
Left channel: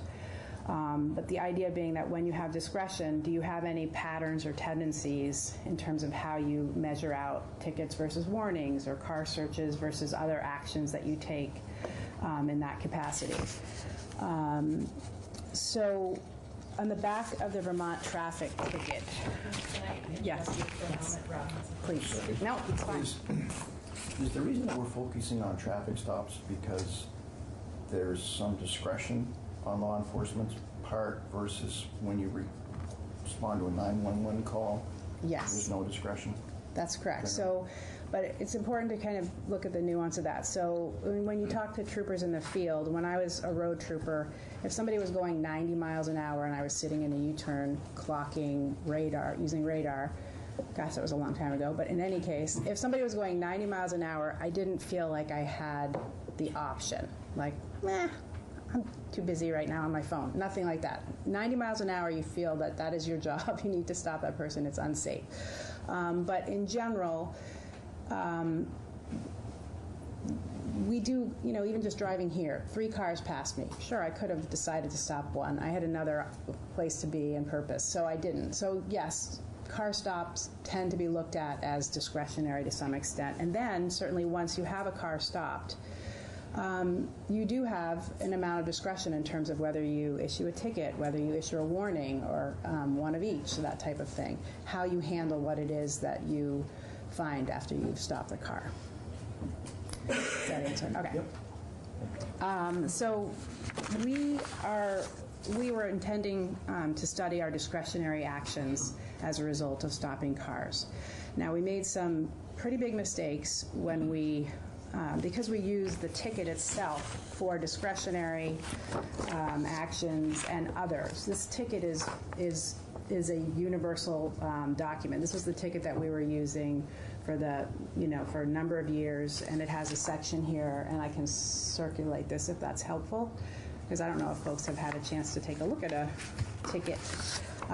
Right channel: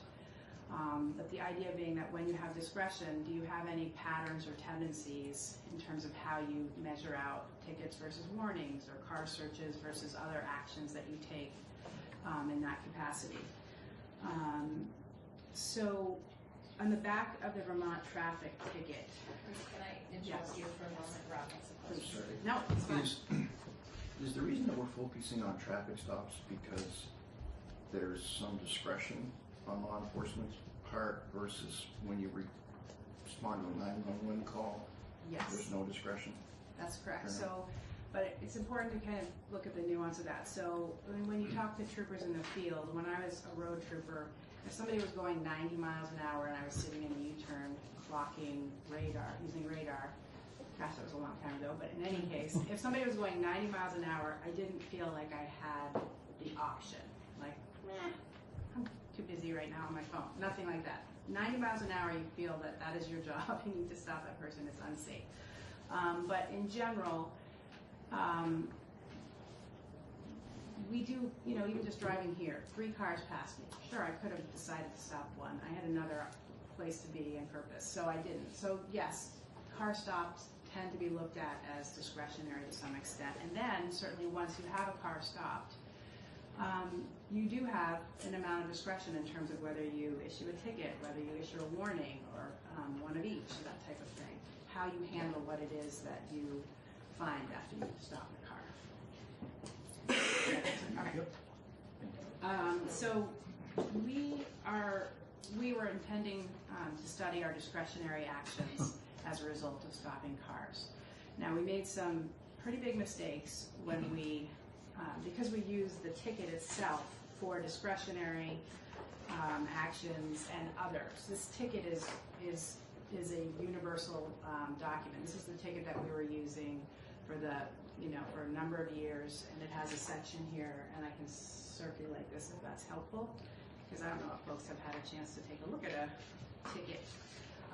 But the idea being that when you have discretion, do you have any patterns or tendencies in terms of how you measure out tickets versus warnings or car searches versus other actions that you take in that capacity? So on the back of the Vermont traffic ticket. Yes. Please. No, it's fine. Is the reason that we're focusing on traffic stops because there's some discretion on law enforcement's part versus when you respond to a 911 call? Yes. There's no discretion? That's correct. So, but it's important to kind of look at the nuance of that. So when you talk to troopers in the field, when I was a road trooper, if somebody was going 90 miles an hour and I was sitting in a U-turn clocking radar, using radar, gosh, that was a long time ago, but in any case, if somebody was going 90 miles an hour, I didn't feel like I had the option. Like, I'm too busy right now on my phone. Nothing like that. 90 miles an hour, you feel that that is your job. You need to stop that person. It's unsafe. But in general, we do, even just driving here, 3 cars passed me. Sure, I could have decided to stop one. I had another place to be and purpose, so I didn't. So yes, car stops tend to be looked at as discretionary to some extent. And then certainly once you have a car stopped, you do have an amount of discretion in terms of whether you issue a ticket, whether you issue a warning, or one of each, that type of thing. How you handle what it is that you find after you've stopped the car. Does that answer? Okay. Yep. So we were intending to study our discretionary actions as a result of stopping cars. Now, we made some pretty big mistakes when we because we use the ticket itself for discretionary actions and others. This ticket is a universal document. This was the ticket that we were using for for a number of years, and it has a section here, and I can circulate this if that's helpful, because I don't know if folks have had a chance to take a look at a ticket.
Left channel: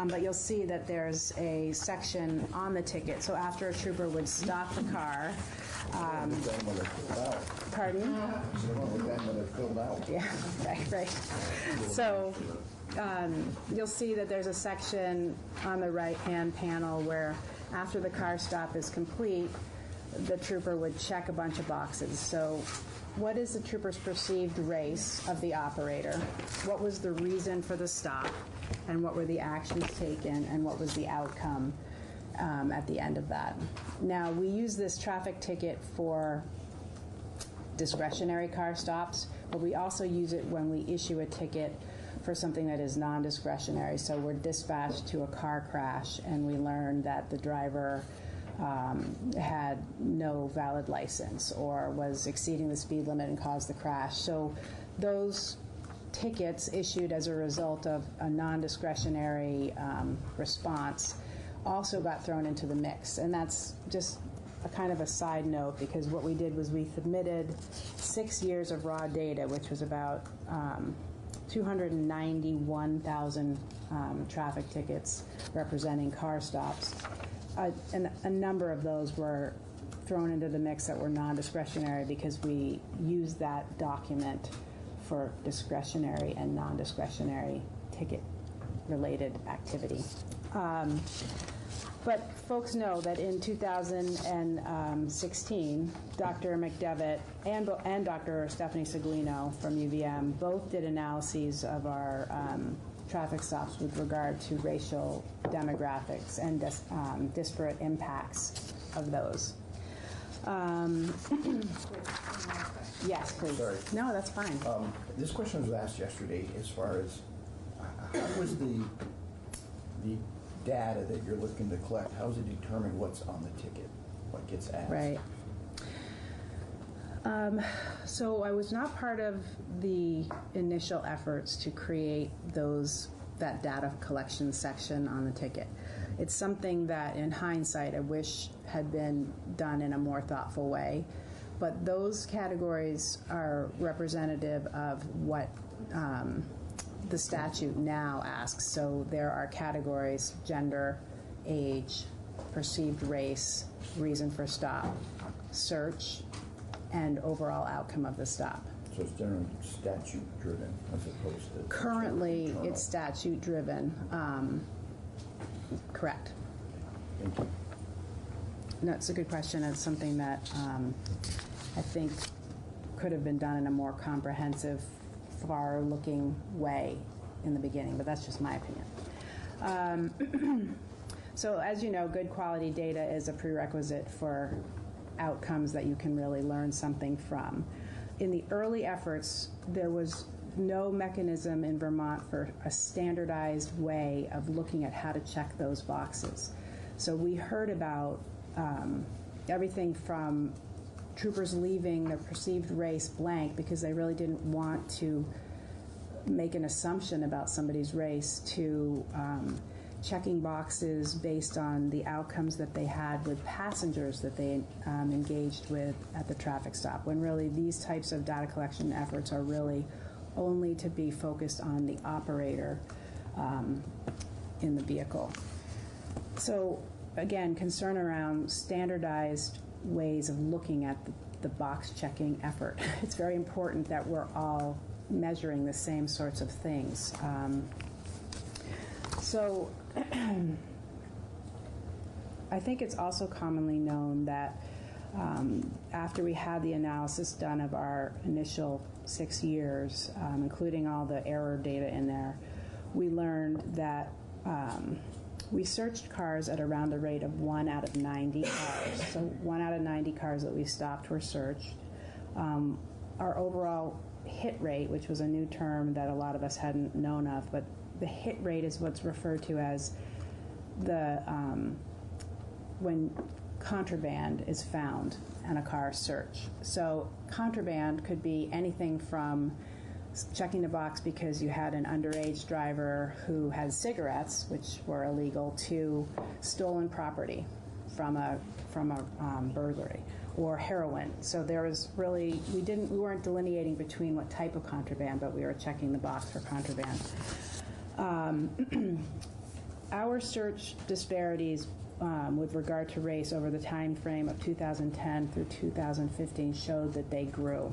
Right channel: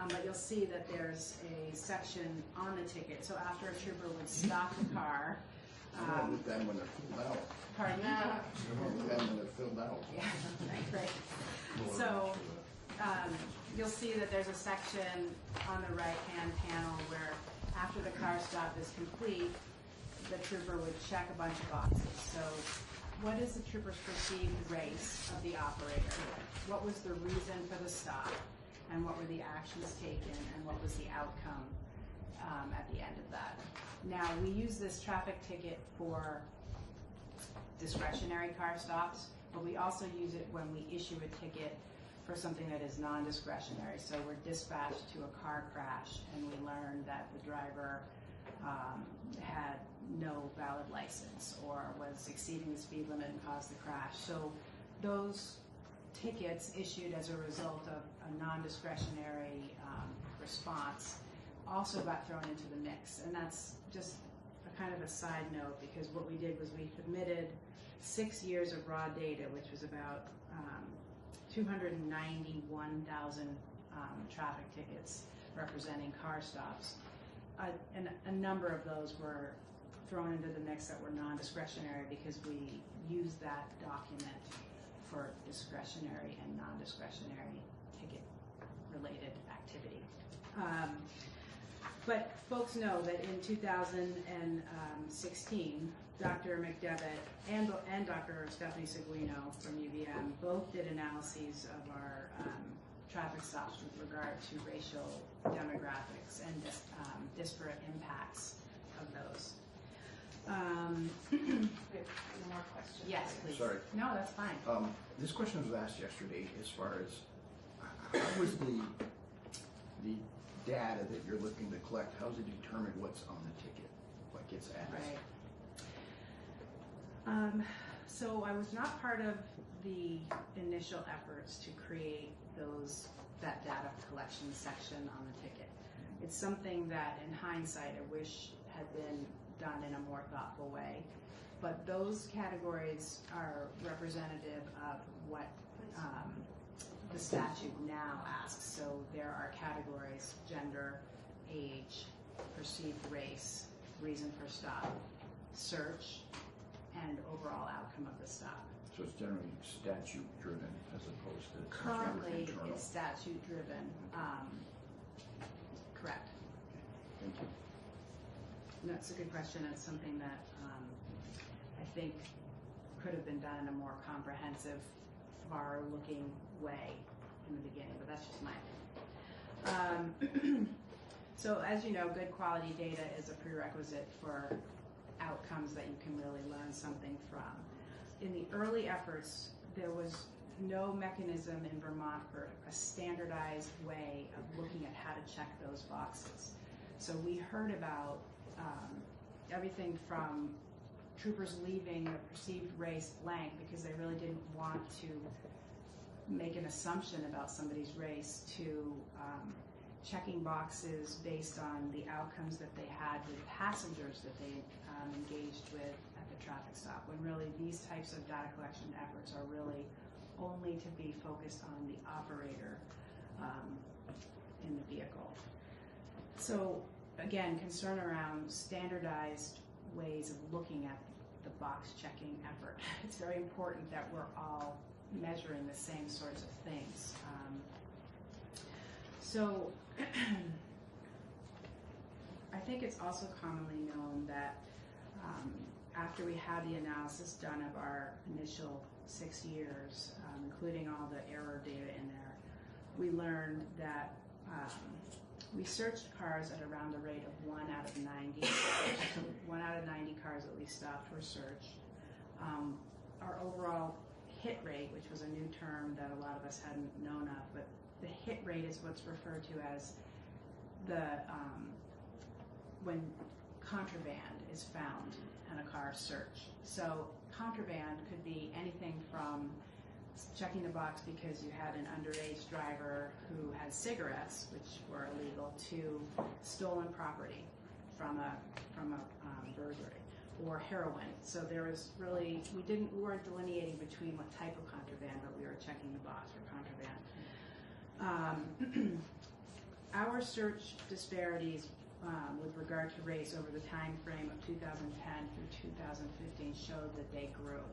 But you'll see that there's a section on the ticket. So after a trooper would stop the car, pardon me? Yeah, right. So you'll see that there's a section on the right-hand panel where after the car stop is complete, the trooper would check a bunch of boxes. So what is the trooper's perceived race of the operator? What was the reason for the stop? And what were the actions taken? And what was the outcome at the end of that? Now, we use this traffic ticket for discretionary car stops, but we also use it when we issue a ticket for something that is non-discretionary. So we're dispatched to a car crash and we learn that the driver had no valid license or was exceeding the speed limit and caused the crash. So those tickets issued as a result of a non-discretionary response also got thrown into the mix. And that's just a kind of a side note, because what we did was we submitted 6 years of raw data, which was about 291,000 traffic tickets representing car stops. And a number of those were thrown into the mix that were non-discretionary because we used that document for discretionary and non-discretionary ticket-related activity. But folks know that in 2016, Dr. McDevitt and Dr. Stephanie Seguino from UVM both did analyses of our traffic stops with regard to racial demographics and disparate impacts of those. Yes, please. Sorry. No, that's fine. This question was asked yesterday as far as how was the data that you're looking to collect, how does it determine what's on the ticket, what gets asked? Right. So I was not part of the initial efforts to create that data collection section on the ticket. It's something that in hindsight I wish had been done in a more thoughtful way, but those categories are representative of what the statute now asks. So there are categories: gender, age, perceived race, reason for stop, search, and overall outcome of the stop. So it's generally statute driven as opposed to... Currently, it's statute driven. Correct. Thank you. No, it's a good question. It's something that I think could have been done in a more comprehensive, far-looking way in the beginning, but that's just my opinion. So as you know, good quality data is a prerequisite for outcomes that you can really learn something from. In the early efforts, there was no mechanism in Vermont for a standardized way of looking at how to check those boxes. So we heard about everything from troopers leaving the perceived race blank because they really didn't want to make an assumption about somebody's race, to checking boxes based on the outcomes that they had with passengers that they engaged with at the traffic stop, when really these types of data collection efforts are really only to be focused on the operator in the vehicle. So again, concern around standardized ways of looking at the box checking effort. It's very important that we're all measuring the same sorts of things. So I think it's also commonly known that after we had the analysis done of our initial 6 years, including all the error data in there, we learned that we searched cars at around the rate of 1 out of 90 cars. So 1 out of 90 cars that we stopped were searched. Our overall hit rate, which was a new term that a lot of us hadn't known of, but the hit rate is what's referred to as the when contraband is found in a car search. So contraband could be anything from checking the box because you had an underage driver who had cigarettes, which were illegal, to stolen property from a burglary, or heroin. So there was really, we weren't delineating between what type of contraband, but we were checking the box for contraband. Our search disparities with regard to race over the time frame of 2010 through 2015 showed that they grew.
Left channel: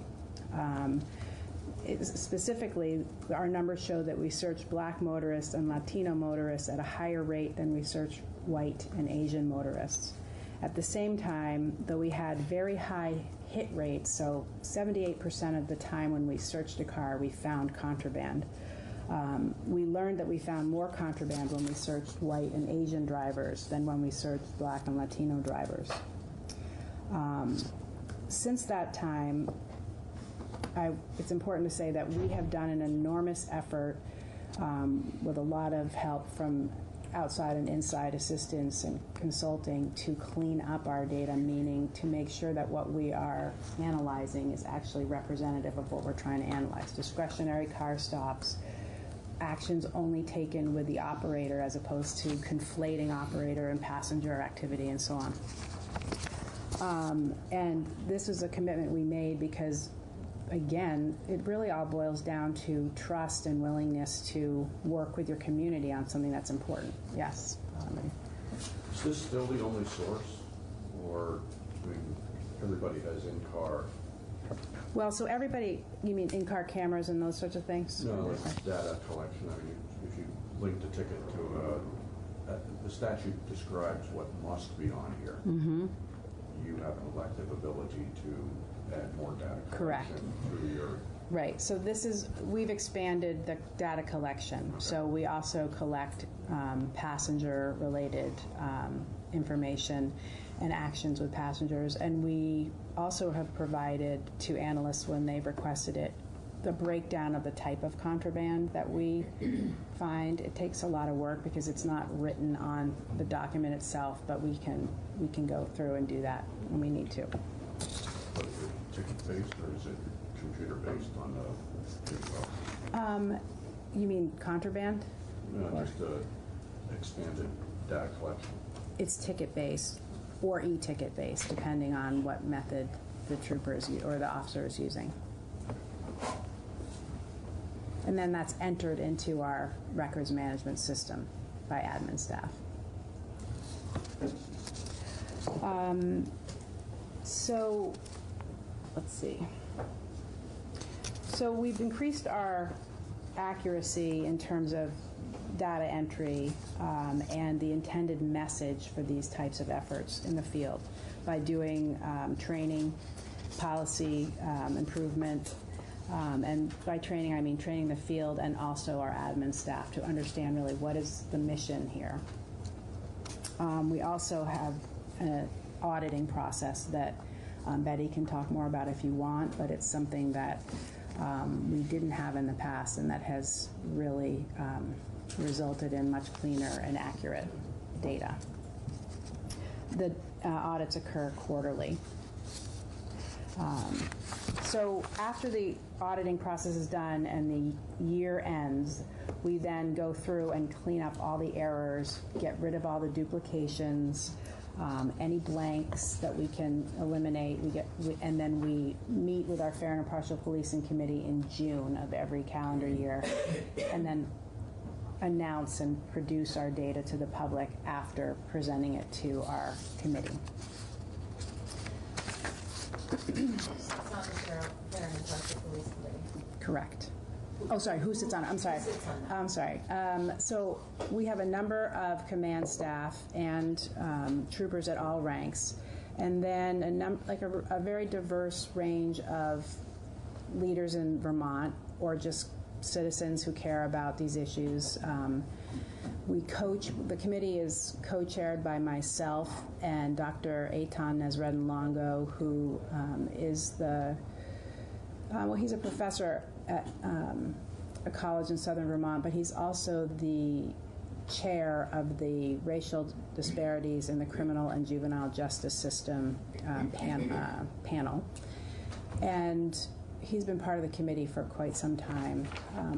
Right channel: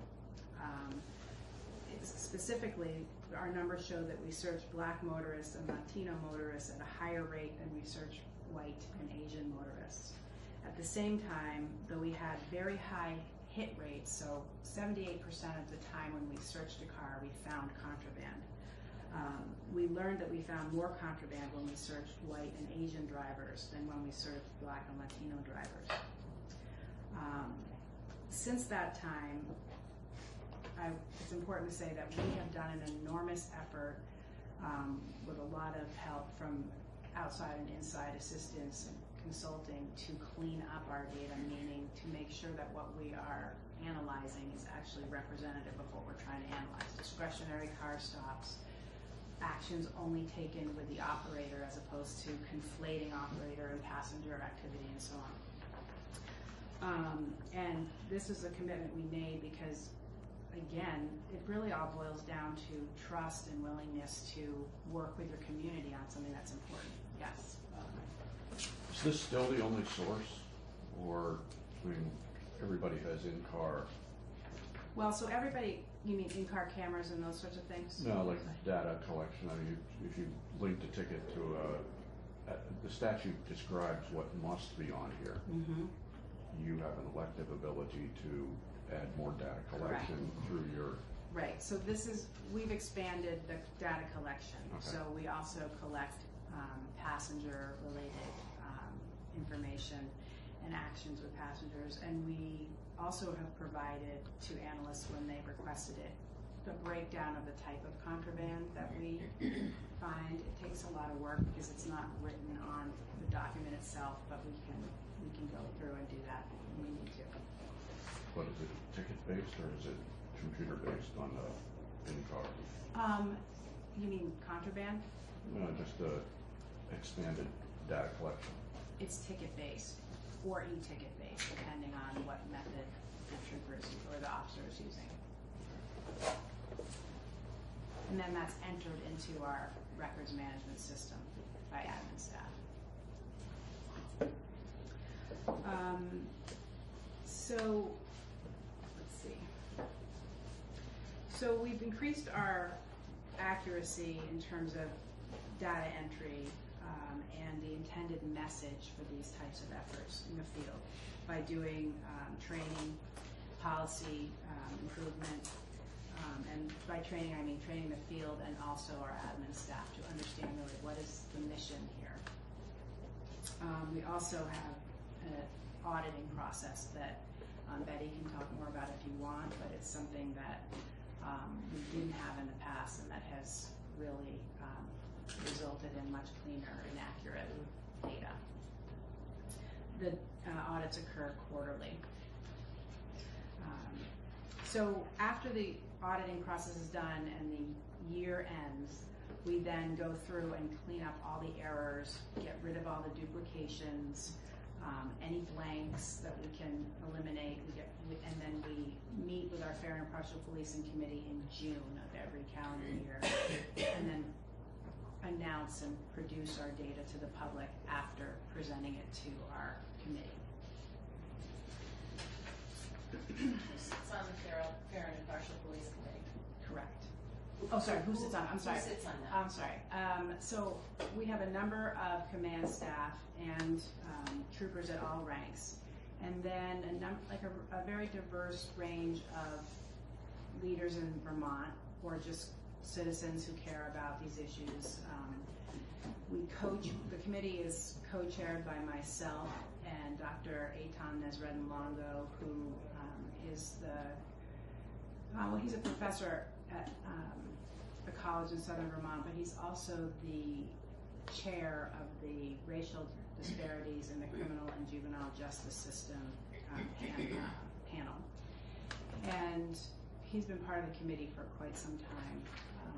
Specifically, our numbers show that we searched black motorists and Latino motorists at a higher rate than we searched white and Asian motorists. At the same time, though we had very high hit rates, so 78% of the time when we searched a car, we found contraband. We learned that we found more contraband when we searched white and Asian drivers than when we searched black and Latino drivers. Since that time, it's important to say that we have done an enormous effort with a lot of help from outside and inside assistance and consulting to clean up our data, meaning to make sure that what we are analyzing is actually representative of what we're trying to analyze. Discretionary car stops, actions only taken with the operator as opposed to conflating operator and passenger activity and so on. And this is a commitment we made because, again, it really all boils down to trust and willingness to work with your community on something that's important. Yes. Is this still the only source, or, I mean, everybody has in-car? Well, so everybody, you mean in-car cameras and those sorts of things? No, like data collection. I mean, if you link the ticket to the statute describes what must be on here. Mm-hmm. You have an elective ability to add more data Correct. collection through your. Right, so we've expanded the data collection. Okay. So we also collect passenger-related information and actions with passengers, and we also have provided to analysts when they've requested it the breakdown of the type of contraband that we find. It takes a lot of work because it's not written on the document itself, but we can go through and do that when we need to. But is it ticket-based or is it computer-based on the You mean contraband? No, just expanded data collection. It's ticket-based or e-ticket-based, depending on what method the troopers or the officer is using. And then that's entered into our records management system by admin staff. So, let's see. So we've increased our accuracy in terms of data entry and the intended message for these types of efforts in the field by doing training, policy improvement, and by training I mean training the field and also our admin staff to understand really what is the mission here. We also have an auditing process that Betty can talk more about if you want, but it's something that we didn't have in the past, and that has really resulted in much cleaner and accurate data. The audits occur quarterly. So after the auditing process is done and the year ends, we then go through and clean up all the errors, get rid of all the duplications, any blanks that we can eliminate, and then we meet with our Fair and Impartial Policing Committee in June of every calendar year, and then announce and produce our data to the public after presenting it to our committee. It's on the Fair and Impartial Police Committee. Correct. Oh, sorry, who sits on it? I'm sorry. Who sits on that? I'm sorry. So we have a number of command staff and troopers at all ranks, and then a very diverse range of leaders in Vermont or just citizens who care about these issues. The committee is co-chaired by myself and Dr. Eitan Nesredin-Longo, who is he's a professor at a college in southern Vermont, but he's also the chair of the Racial Disparities in the Criminal and Juvenile Justice System panel. And he's been part of the committee for quite some time.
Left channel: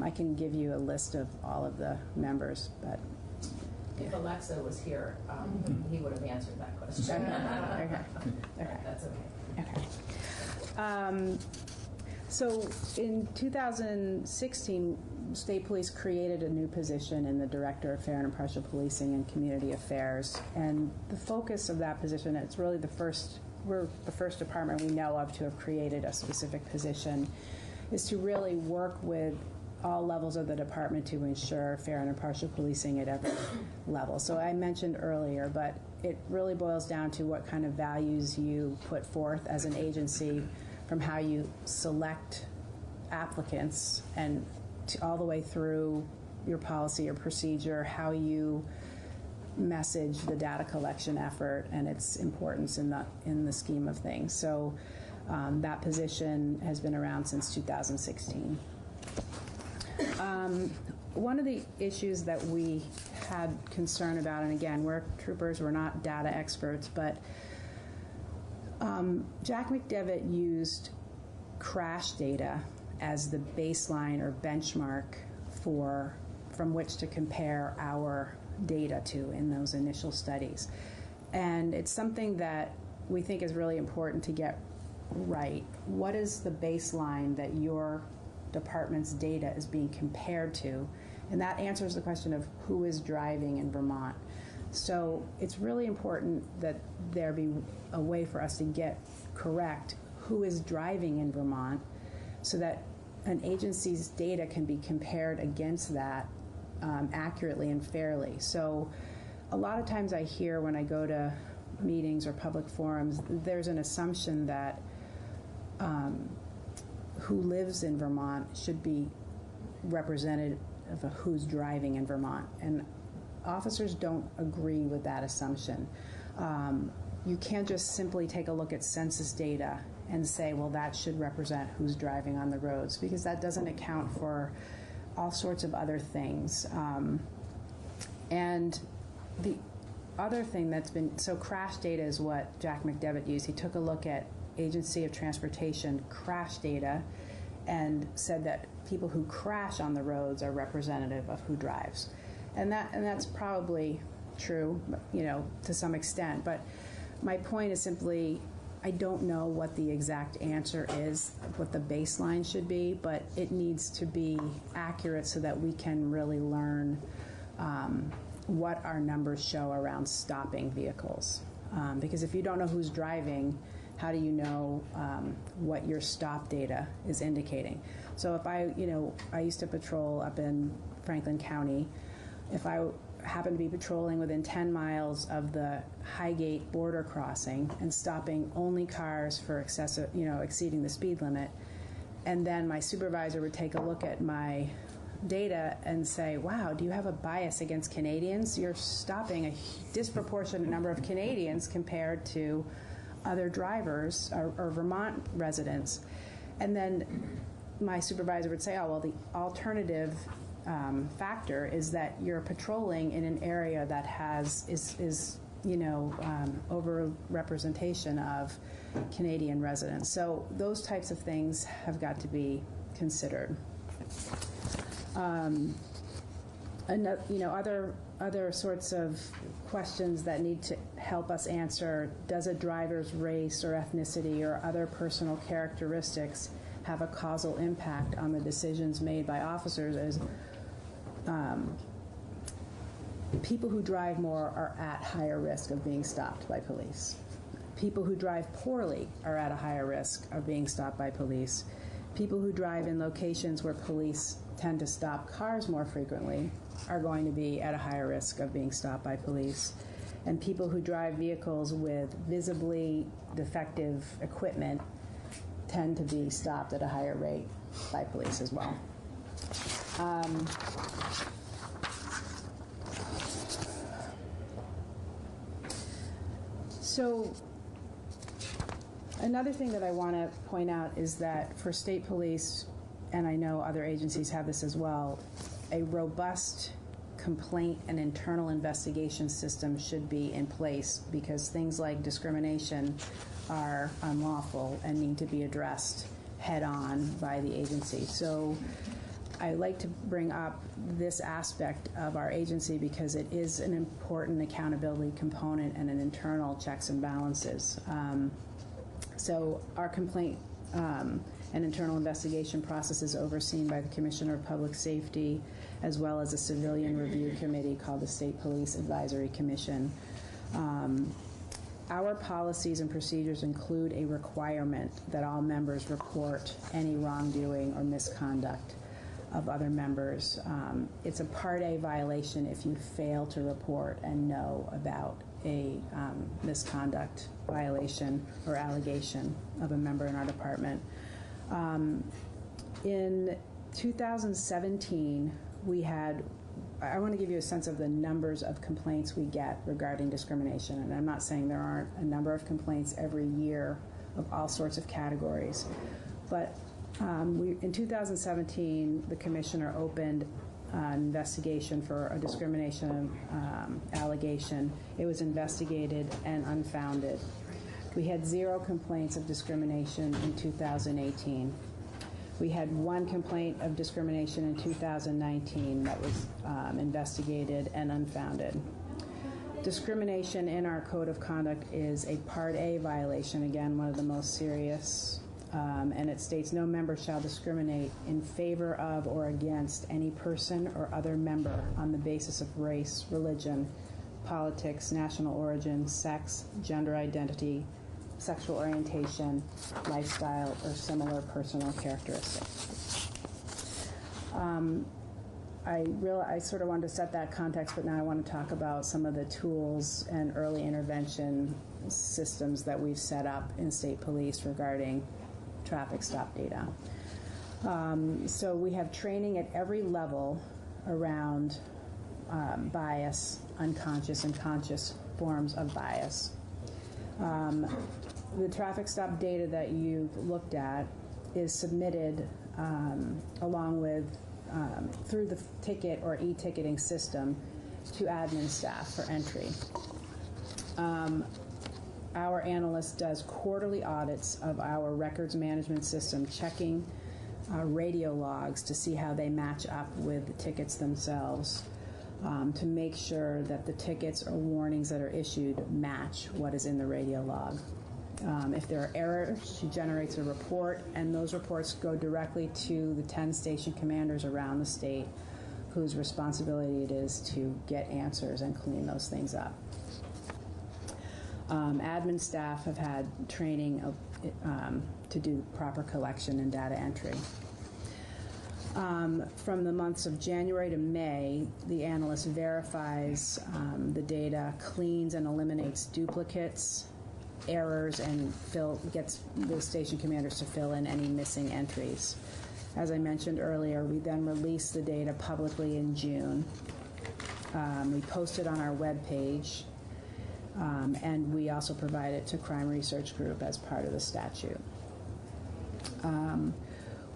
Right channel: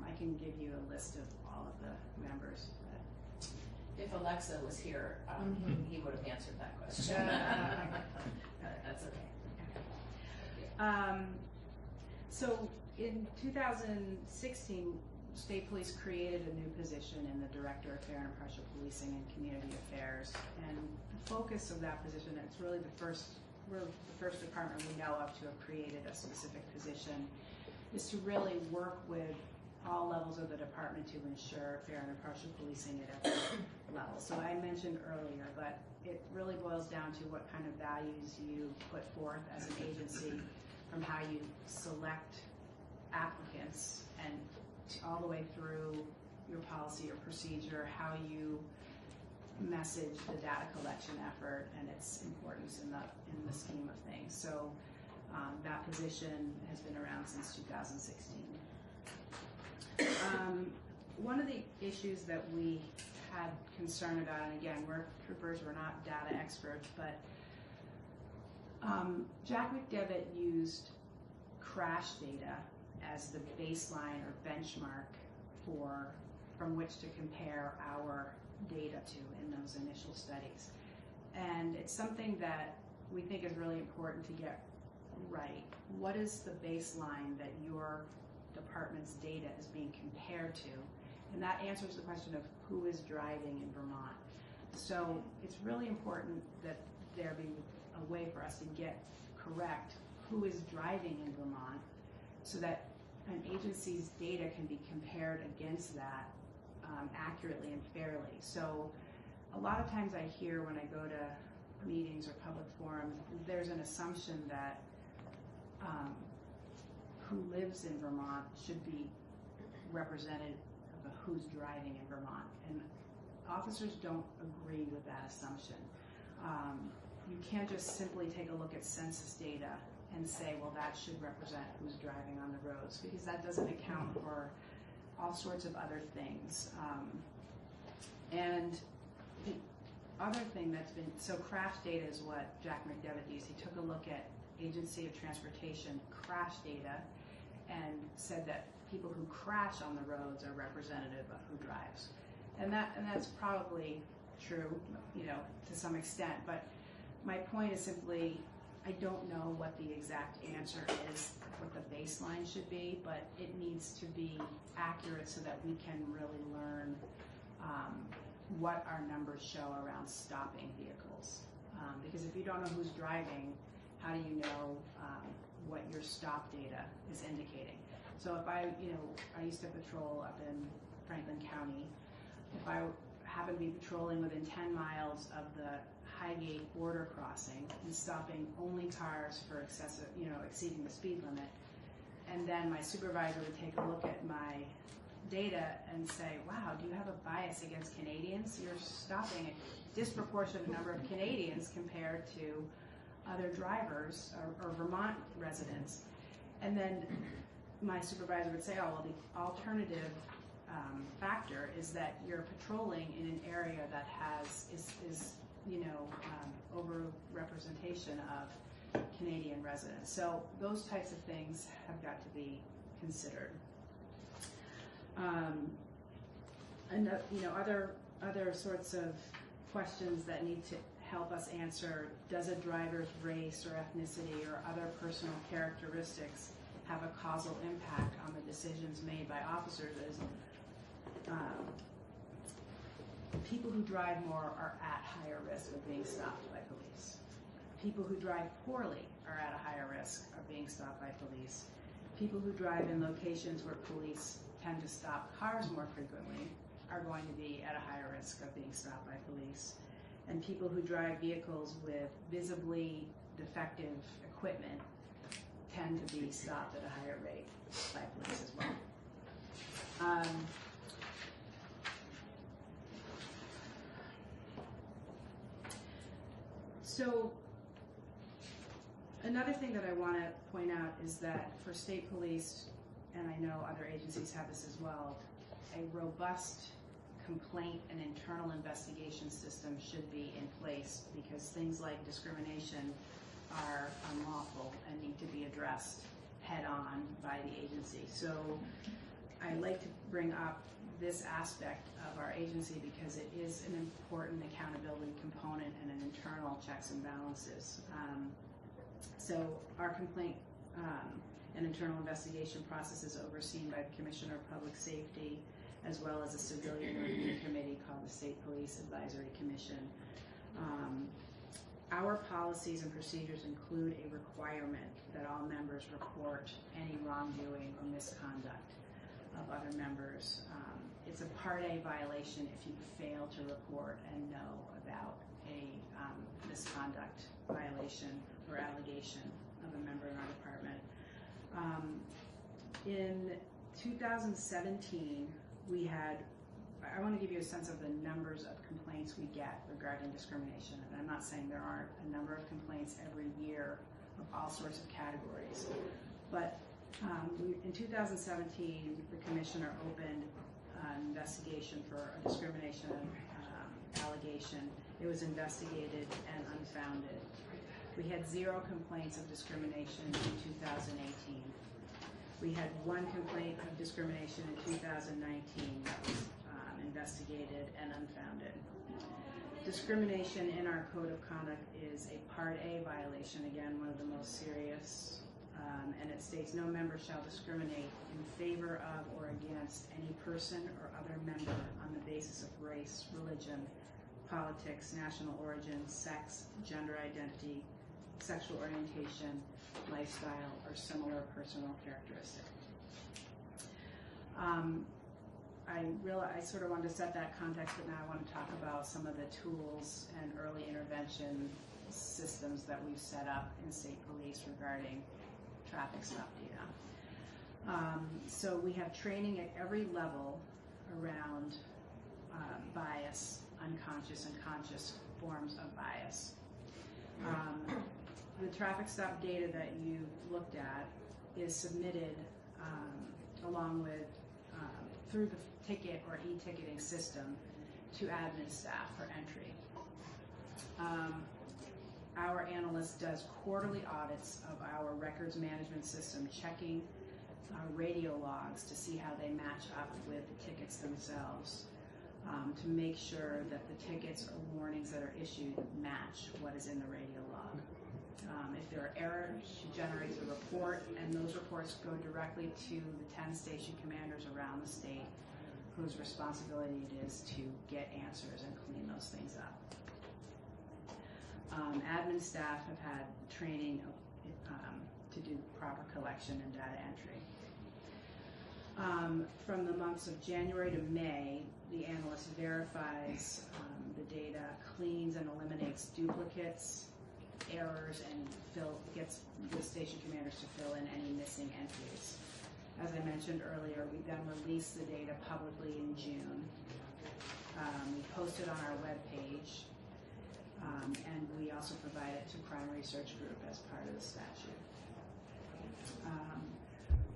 I can give you a list of all of the members, but if Alexa was here, he would have answered that question. Okay. That's okay. Okay. So in 2016, State Police created a new position in the Director of Fair and Impartial Policing and Community Affairs, and the focus of that position, it's really we're the first department we know of to have created a specific position, is to really work with all levels of the department to ensure fair and impartial policing at every level. So I mentioned earlier, but it really boils down to what kind of values you put forth as an agency, from how you select applicants and all the way through your policy or procedure, how you message the data collection effort and its importance in the scheme of things. So that position has been around since 2016. One of the issues that we had concern about, and again, we're troopers, we're not data experts, but Jack McDevitt used crash data as the baseline or benchmark for from which to compare our data to in those initial studies. And it's something that we think is really important to get right. What is the baseline that your department's data is being compared to? And that answers the question of who is driving in Vermont. So it's really important that there be a way for us to get correct who is driving in Vermont so that an agency's data can be compared against that accurately and fairly. So a lot of times I hear when I go to meetings or public forums, there's an assumption that who lives in Vermont should be representative of who's driving in Vermont. And officers don't agree with that assumption. You can't just simply take a look at census data and say, well, that should represent who's driving on the roads, because that doesn't account for all sorts of other things. And the other thing that's been, so crash data is what Jack McDevitt used. He took a look at Agency of Transportation crash data and said that people who crash on the roads are representative of who drives. And that's probably true, you know, to some extent. But my point is simply, I don't know what the exact answer is, what the baseline should be, but it needs to be accurate so that we can really learn what our numbers show around stopping vehicles. Because if you don't know who's driving, how do you know what your stop data is indicating? So if I used to patrol up in Franklin County. If I happen to be patrolling within 10 miles of the Highgate border crossing and stopping only cars for excessive, exceeding the speed limit, and then my supervisor would take a look at my data and say, wow, do you have a bias against Canadians? You're stopping a disproportionate number of Canadians compared to other drivers or Vermont residents. And then my supervisor would say, oh, well, the alternative factor is that you're patrolling in an area that is over-representation of Canadian residents. So those types of things have got to be considered. Other sorts of questions that need to help us answer: does a driver's race or ethnicity or other personal characteristics have a causal impact on the decisions made by officers? As people who drive more are at higher risk of being stopped by police. People who drive poorly are at a higher risk of being stopped by police. People who drive in locations where police tend to stop cars more frequently are going to be at a higher risk of being stopped by police. And people who drive vehicles with visibly defective equipment tend to be stopped at a higher rate by police as well. So another thing that I want to point out is that for state police, and I know other agencies have this as well, a robust complaint and internal investigation system should be in place, because things like discrimination are unlawful and need to be addressed head on by the agency. So I like to bring up this aspect of our agency because it is an important accountability component and an internal checks and balances. So our complaint and internal investigation process is overseen by the Commissioner of Public Safety, as well as a civilian review committee called the State Police Advisory Commission. Our policies and procedures include a requirement that all members report any wrongdoing or misconduct of other members. It's a Part A violation if you fail to report and know about a misconduct violation or allegation of a member in our department. In 2017, we had, I want to give you a sense of the numbers of complaints we get regarding discrimination, and I'm not saying there aren't a number of complaints every year of all sorts of categories, but in 2017, the commissioner opened an investigation for a discrimination allegation. It was investigated and unfounded. We had 0 complaints of discrimination in 2018. We had one complaint of discrimination in 2019 that was investigated and unfounded. Discrimination in our code of conduct is a Part A violation, again, one of the most serious, and it states no member shall discriminate in favor of or against any person or other member on the basis of race, religion, politics, national origin, sex, gender identity, sexual orientation, lifestyle, or similar personal characteristics. I sort of wanted to set that context, but now I want to talk about some of the tools and early intervention systems that we've set up in state police regarding traffic stop data. So we have training at every level around bias, unconscious and conscious forms of bias. The traffic stop data that you've looked at is submitted along with through the ticket or e-ticketing system to admin staff for entry. Our analyst does quarterly audits of our records management system, checking radio logs to see how they match up with the tickets themselves, to make sure that the tickets or warnings that are issued match what is in the radio log. If there are errors, she generates a report, and those reports go directly to the 10 station commanders around the state whose responsibility it is to get answers and clean those things up. Admin staff have had training to do proper collection and data entry. From the months of January to May, the analyst verifies the data, cleans and eliminates duplicates, errors, and gets the station commanders to fill in any missing entries. As I mentioned earlier, we then release the data publicly in June. We post it on our webpage, and we also provide it to Crime Research Group as part of the statute.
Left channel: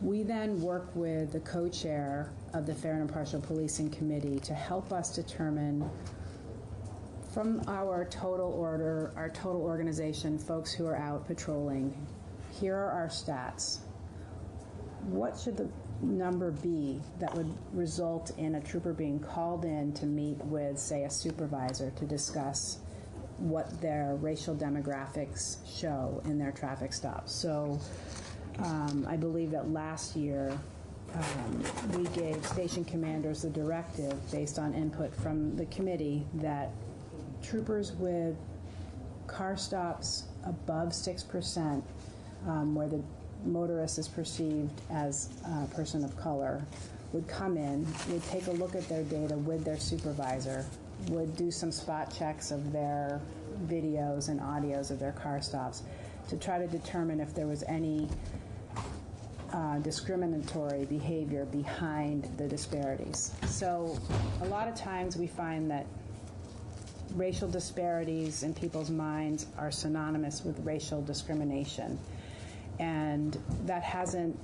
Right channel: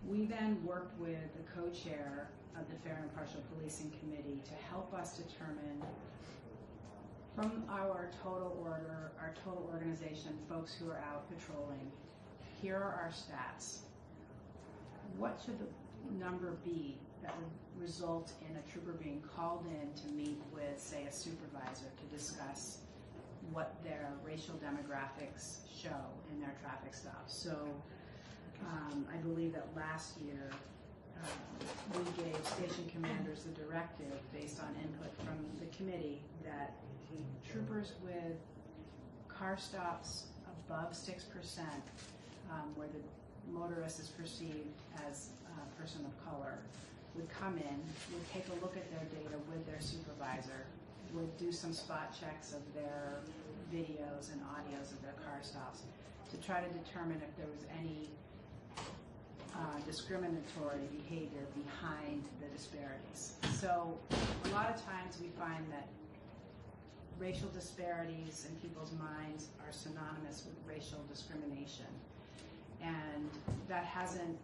We then work with the co-chair of the Fair and Impartial Policing Committee to help us determine from our total organization, folks who are out patrolling, here are our stats. What should the number be that would result in a trooper being called in to meet with, say, a supervisor to discuss what their racial demographics show in their traffic stops? So I believe that last year we gave station commanders the directive, based on input from the committee, that troopers with car stops above 6%, where the motorist is perceived as a person of color, would come in, would take a look at their data with their supervisor, would do some spot checks of their videos and audios of their car stops to try to determine if there was any discriminatory behavior behind the disparities. So a lot of times we find that racial disparities in people's minds are synonymous with racial discrimination, and that hasn't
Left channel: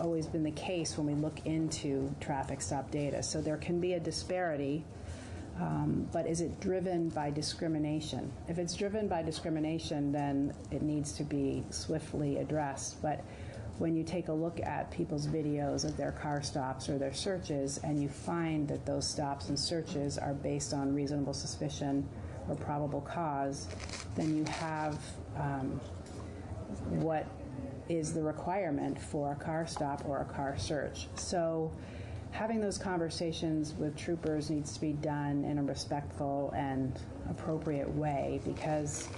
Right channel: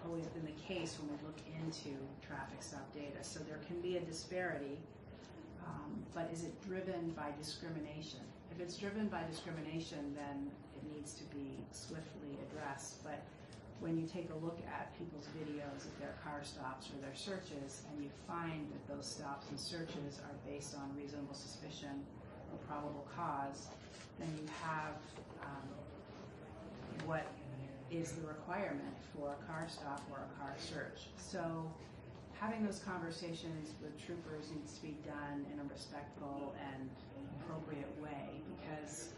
always been the case when we look into traffic stop data. So there can be a disparity, but is it driven by discrimination? If it's driven by discrimination, then it needs to be swiftly addressed. But when you take a look at people's videos of their car stops or their searches, and you find that those stops and searches are based on reasonable suspicion or probable cause, then you have what is the requirement for a car stop or a car search. So having those conversations with troopers needs to be done in a respectful and appropriate way, because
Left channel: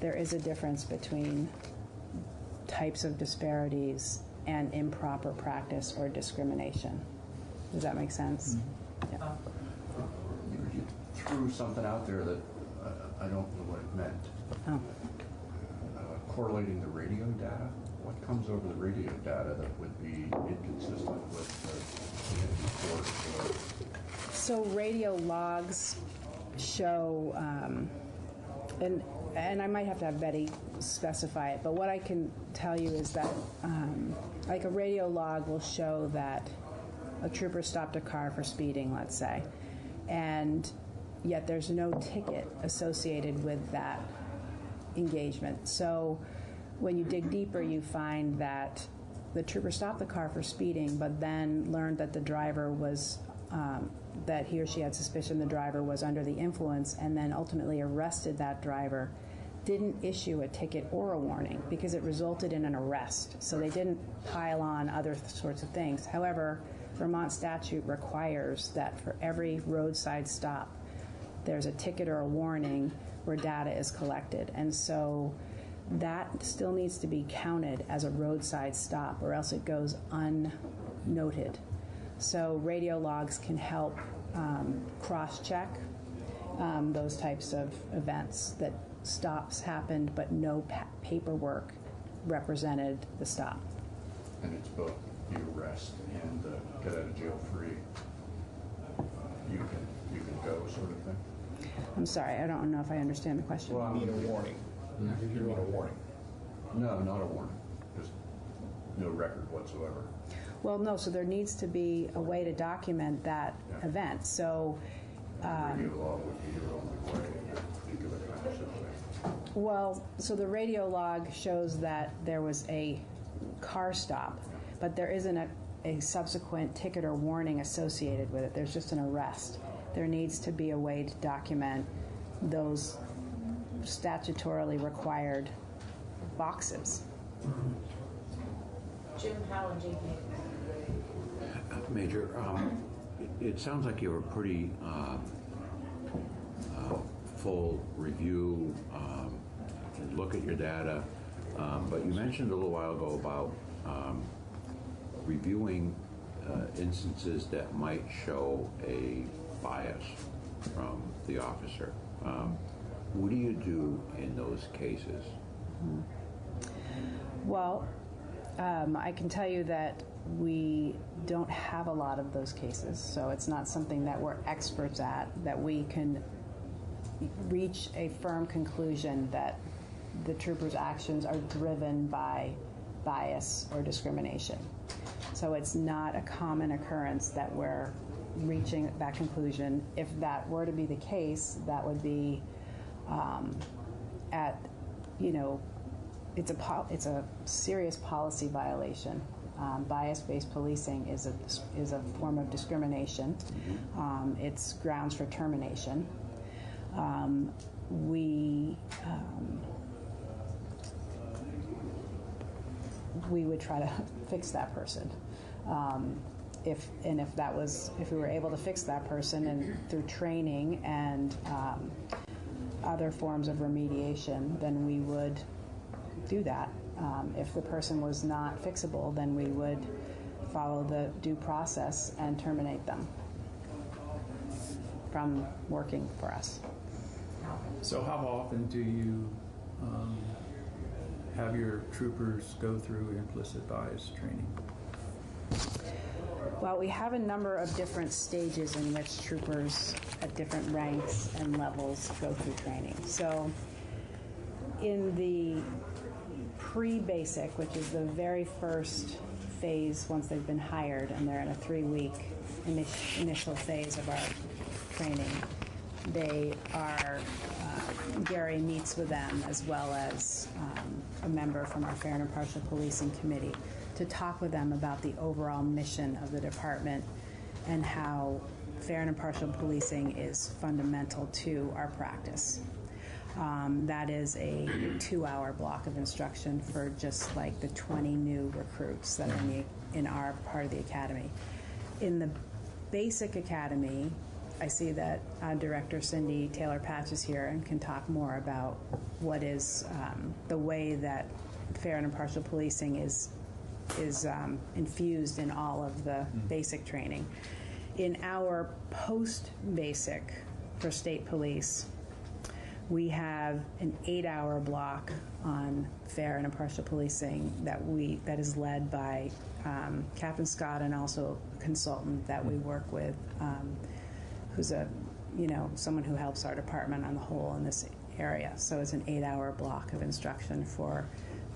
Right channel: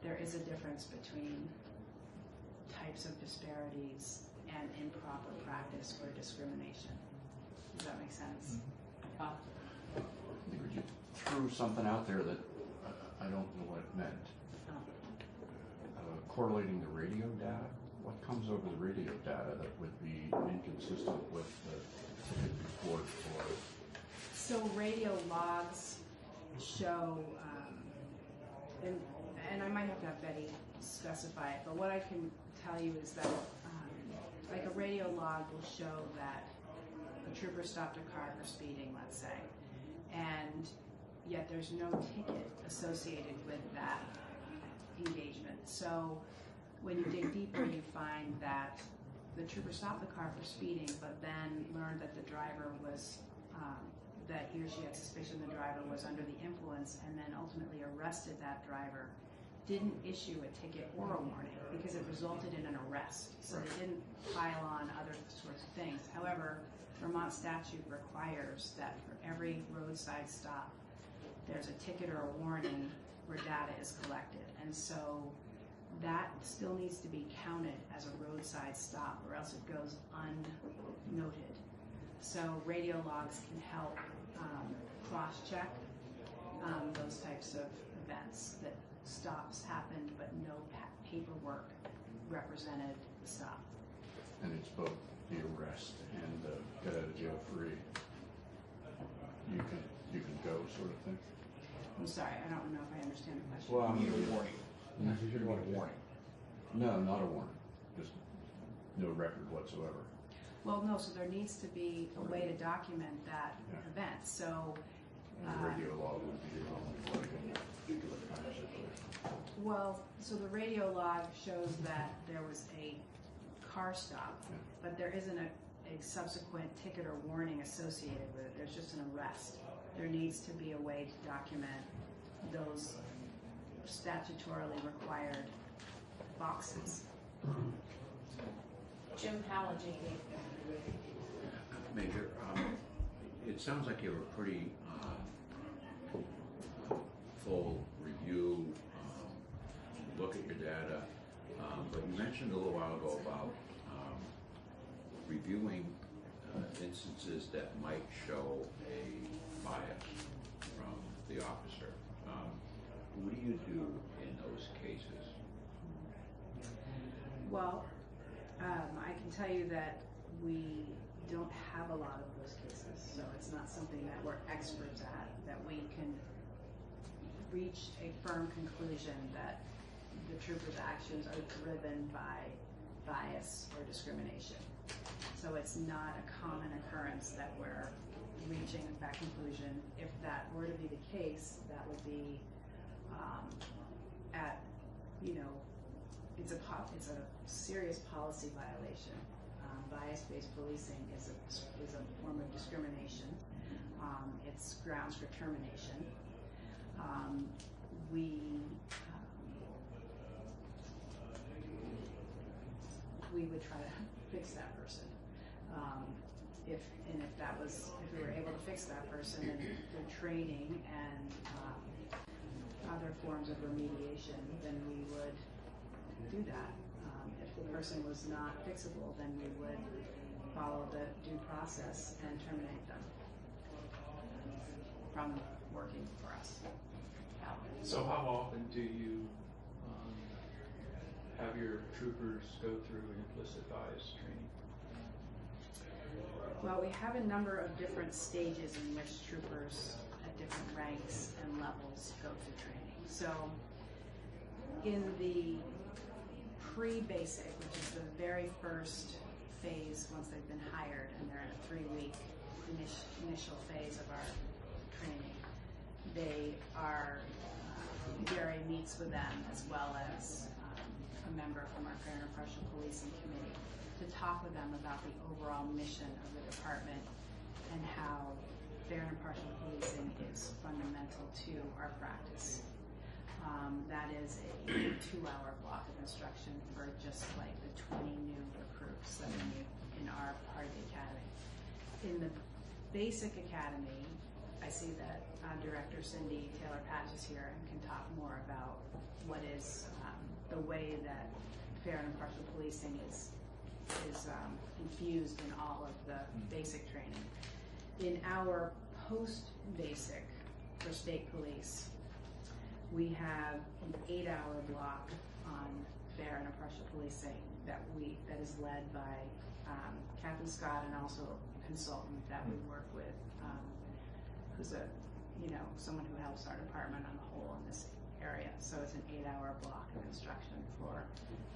there is a difference between types of disparities and improper practice or discrimination. Does that make sense? Mm-hmm. Yeah. You threw something out there that I don't know what it meant. Oh. Correlating the radio data? What comes over the radio data that would be inconsistent with the report? So radio logs show, and I might have to have Betty specify it, but what I can tell you is that like a radio log will show that a trooper stopped a car for speeding, let's say, and yet there's no ticket associated with that engagement. So when you dig deeper, you find that the trooper stopped the car for speeding, but then learned that the driver was, that he or she had suspicion the driver was under the influence, and then ultimately arrested that driver, didn't issue a ticket or a warning because it resulted in an arrest. So they didn't pile on other sorts of things. However, Vermont statute requires that for every roadside stop, there's a ticket or a warning where data is collected. And so that still needs to be counted as a roadside stop, or else it goes unnoted. So radio logs can help cross-check those types of events, that stops happened but no paperwork represented the stop. And it's both the arrest and the get out of jail free. You can go sort of thing. I'm sorry, I don't know if I understand the question. Well, You mean a warning? You mean a warning? No, not a warning. Just no record whatsoever. Well, no, so there needs to be a way to document that event. So Radio log would be your only way in that particular kind of situation. well, so the radio log shows that there was a car stop, but there isn't a subsequent ticket or warning associated with it. There's just an arrest. There needs to be a way to document those statutorily required boxes. Jim Howland, GP. Major, it sounds like you have a pretty full review, look at your data, but you mentioned a little while ago about reviewing instances that might show a bias from the officer. What do you do in those cases? Well, I can tell you that we don't have a lot of those cases, so it's not something that we're experts at, that we can reach a firm conclusion that the troopers' actions are driven by bias or discrimination. So it's not a common occurrence that we're reaching that conclusion. If that were to be the case, that would be it's a serious policy violation. Bias-based policing is a form of discrimination. It's grounds for termination. We would try to fix that person. If we were able to fix that person and through training and other forms of remediation, then we would do that. If the person was not fixable, then we would follow the due process and terminate them from working for us. So how often do you have your troopers go through implicit bias training? Well, we have a number of different stages in which troopers at different ranks and levels go through training. So in the pre-basic, which is the very first phase once they've been hired, and they're in a 3-week initial phase of our training, they are, Gary meets with them as well as a member from our Fair and Impartial Policing Committee to talk with them about the overall mission of the department and how fair and impartial policing is fundamental to our practice. That is a 2-hour block of instruction for just like the 20 new recruits that are in our part of the academy. In the basic academy, I see that Director Cindy Taylor-Patch is here and can talk more about what is the way that fair and impartial policing is infused in all of the basic training. In our post-basic for state police, we have an 8-hour block on fair and impartial policing that is led by Captain Scott and also a consultant that we work with, who's someone who helps our department on the whole in this area. So it's an 8-hour block of instruction for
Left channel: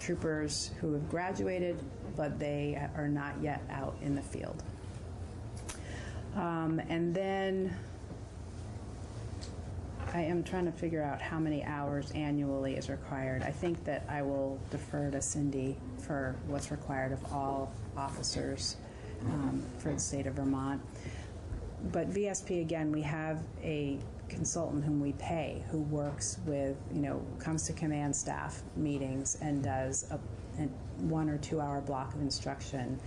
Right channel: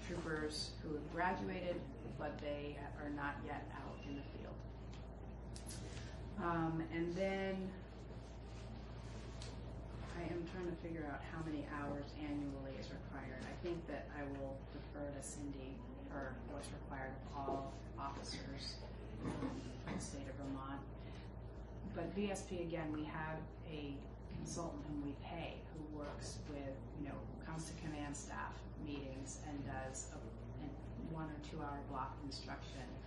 troopers who have graduated, but they are not yet out in the field. I am trying to figure out how many hours annually is required. I think that I will defer to Cindy for what's required of all officers for the state of Vermont. But VSP, again, we have a consultant whom we pay who works with, comes to command staff meetings and does a 1 or 2 hour block of instruction.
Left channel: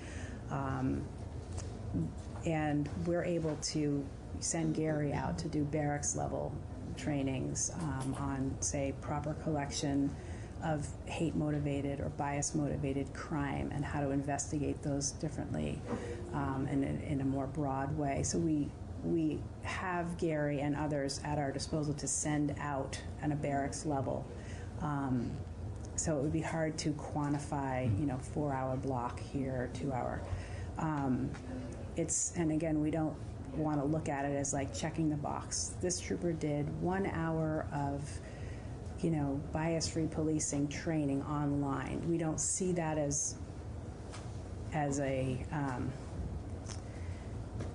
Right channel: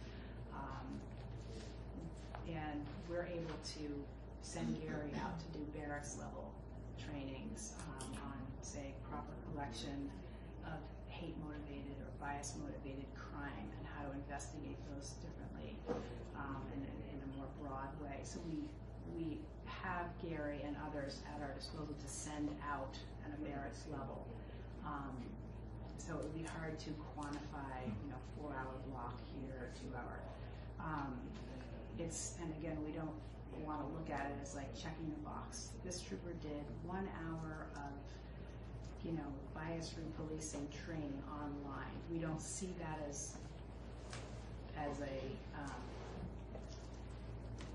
And we're able to send Gary out to do barracks level trainings on, say, proper collection of hate motivated or bias motivated crime and how to investigate those differently and in a more broad way. So we have Gary and others at our disposal to send out at a barracks level. So it would be hard to quantify, 4 hour block here, 2 hour. And again, we don't want to look at it as like checking the box. This trooper did 1 hour of, bias-free policing training online. We don't see that as a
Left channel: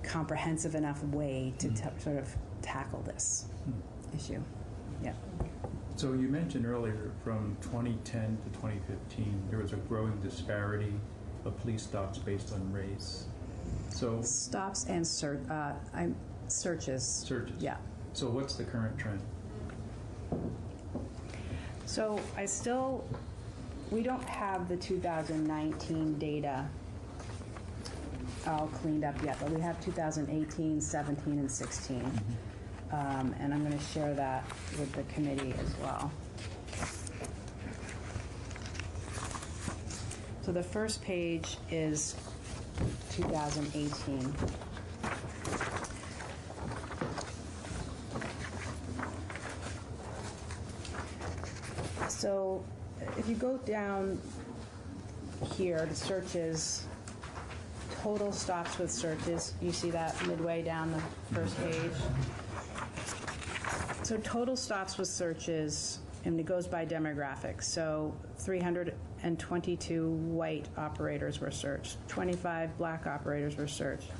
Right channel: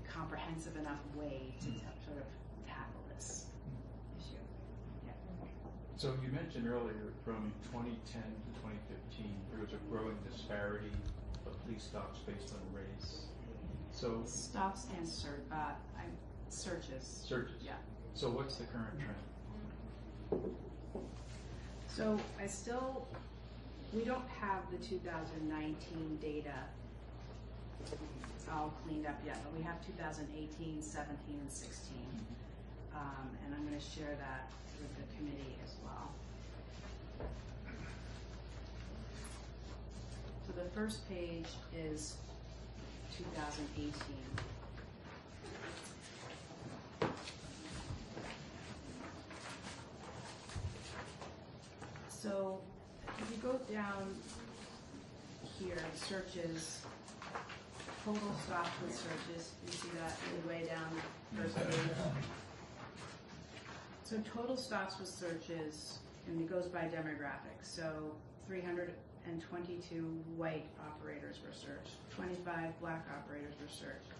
comprehensive enough way to sort of tackle this issue. Yeah. So you mentioned earlier from 2010 to 2015, there was a growing disparity of police stops based on race. So stops and searches. Searches. Yeah. So what's the current trend? So we don't have the 2019 data all cleaned up yet, but we have 2018, 17, and 16. And I'm going to share that with the committee as well. So the first page is 2018. So if you go down here, the searches, total stops with searches, you see that midway down the first page. So total stops with searches, and it goes by demographics. So 322 white operators were searched, 25 black operators were searched,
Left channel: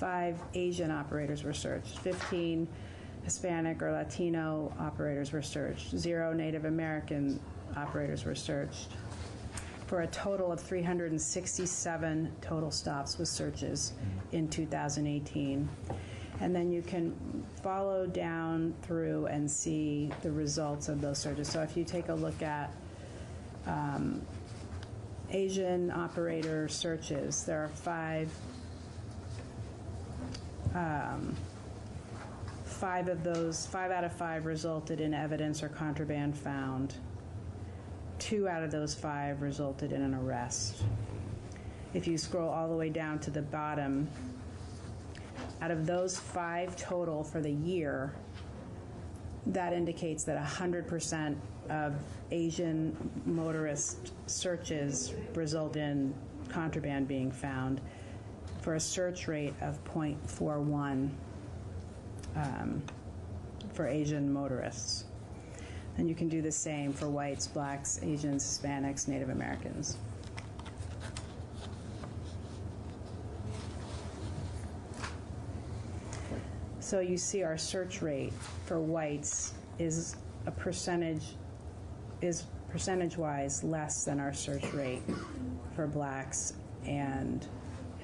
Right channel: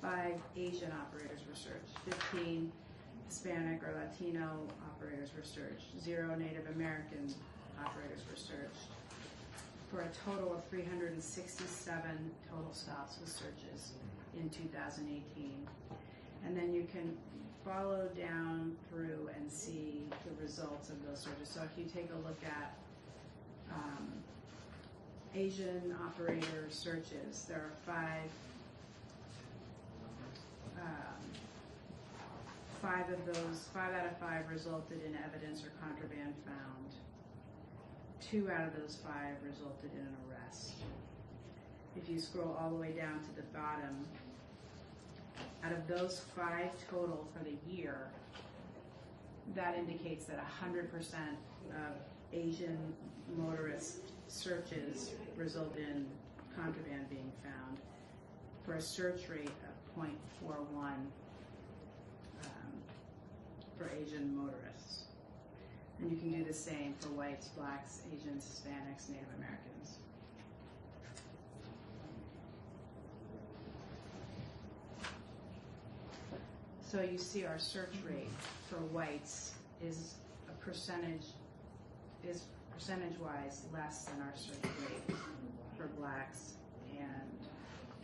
5 Asian operators were searched, 15 Hispanic or Latino operators were searched, 0 Native American operators were searched, for a total of 367 total stops with searches in 2018. And then you can follow down through and see the results of those searches. So if you take a look at Asian operator searches, there are 5 of those, 5 out of 5 resulted in evidence or contraband found. 2 out of those 5 resulted in an arrest. If you scroll all the way down to the bottom, out of those 5 total for the year, that indicates that 100% of Asian motorist searches result in contraband being found, for a search rate of 0.41 for Asian motorists. And you can do the same for whites, blacks, Asians, Hispanics, Native Americans. So you see our search rate for whites is percentage-wise less than our search rate for blacks and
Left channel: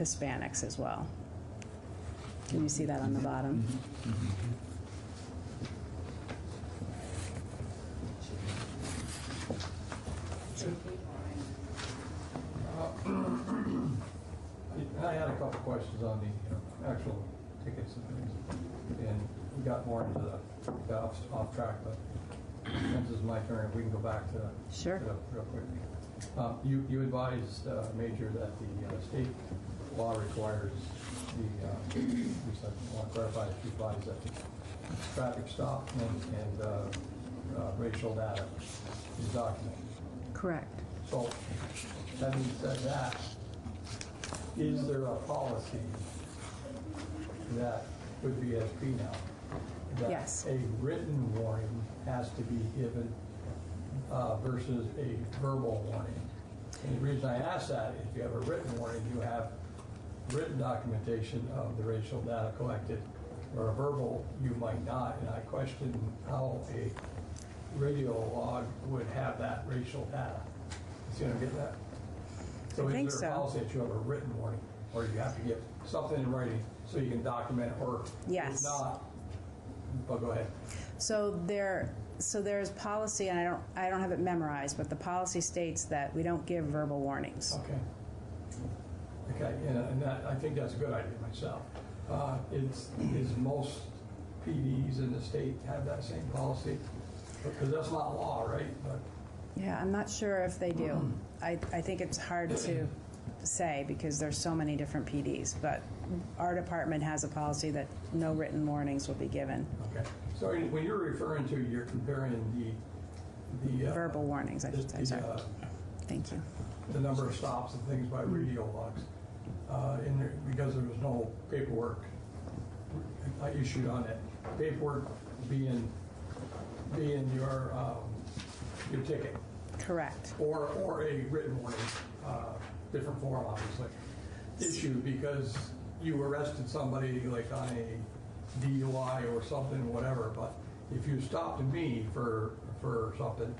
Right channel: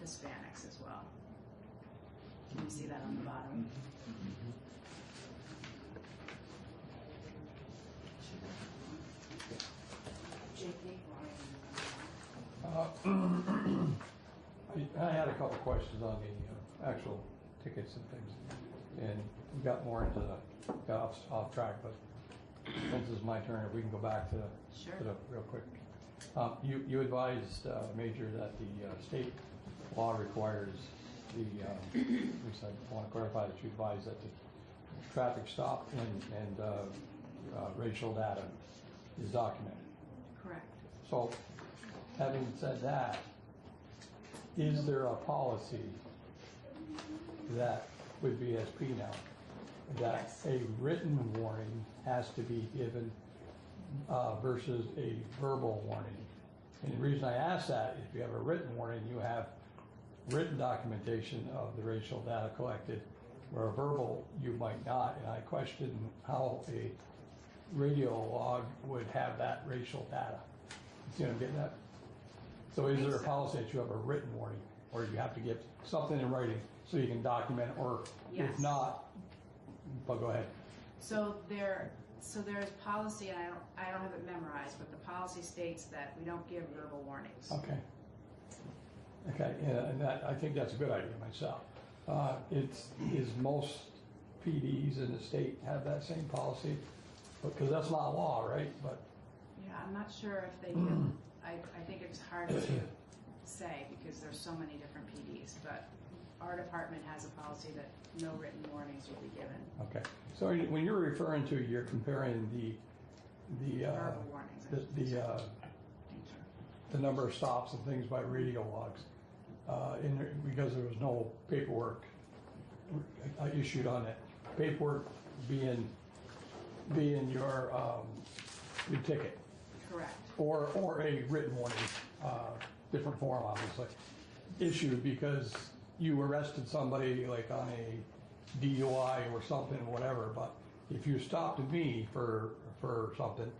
Hispanics as well. Can you see that on the bottom? I had a couple questions on the actual tickets and things, and we got more into got off track, but since it's my turn, if we can go back to real quick. You advised, Major, that the state law requires at least I want to clarify that you advised that the traffic stop and racial data is documented. Correct. So, having said that, is there a policy that would be SP now? That a written warning has to be given versus a verbal warning? And the reason I ask that, if you have a written warning, you have written documentation of the racial data collected or a verbal, you might not, and I question how a radio log would have that racial data. See what I'm getting at? So I think is there a so. policy that you have a written warning, or you have to get something in writing so you can document it, or Yes. if not, but go ahead. So there's policy, and I don't have it memorized, but the policy states that we don't give verbal warnings. Okay. Okay, and that, I think that's a good idea myself. Is most PDs in the state have that same policy? Because that's not law, right? But Yeah, I'm not sure if they do. I think it's hard to say because there's so many different PDs, but our department has a policy that no written warnings will be given. okay. So when you're referring to, you're comparing the Verbal warnings, I should say, sorry. Thank you. The number of stops and things by radio logs, because there was no paperwork issued on it. Paperwork being your ticket. Correct. Or a written warning, different form, obviously, issued because you arrested somebody like on a DUI or something, whatever. But if you stopped me for something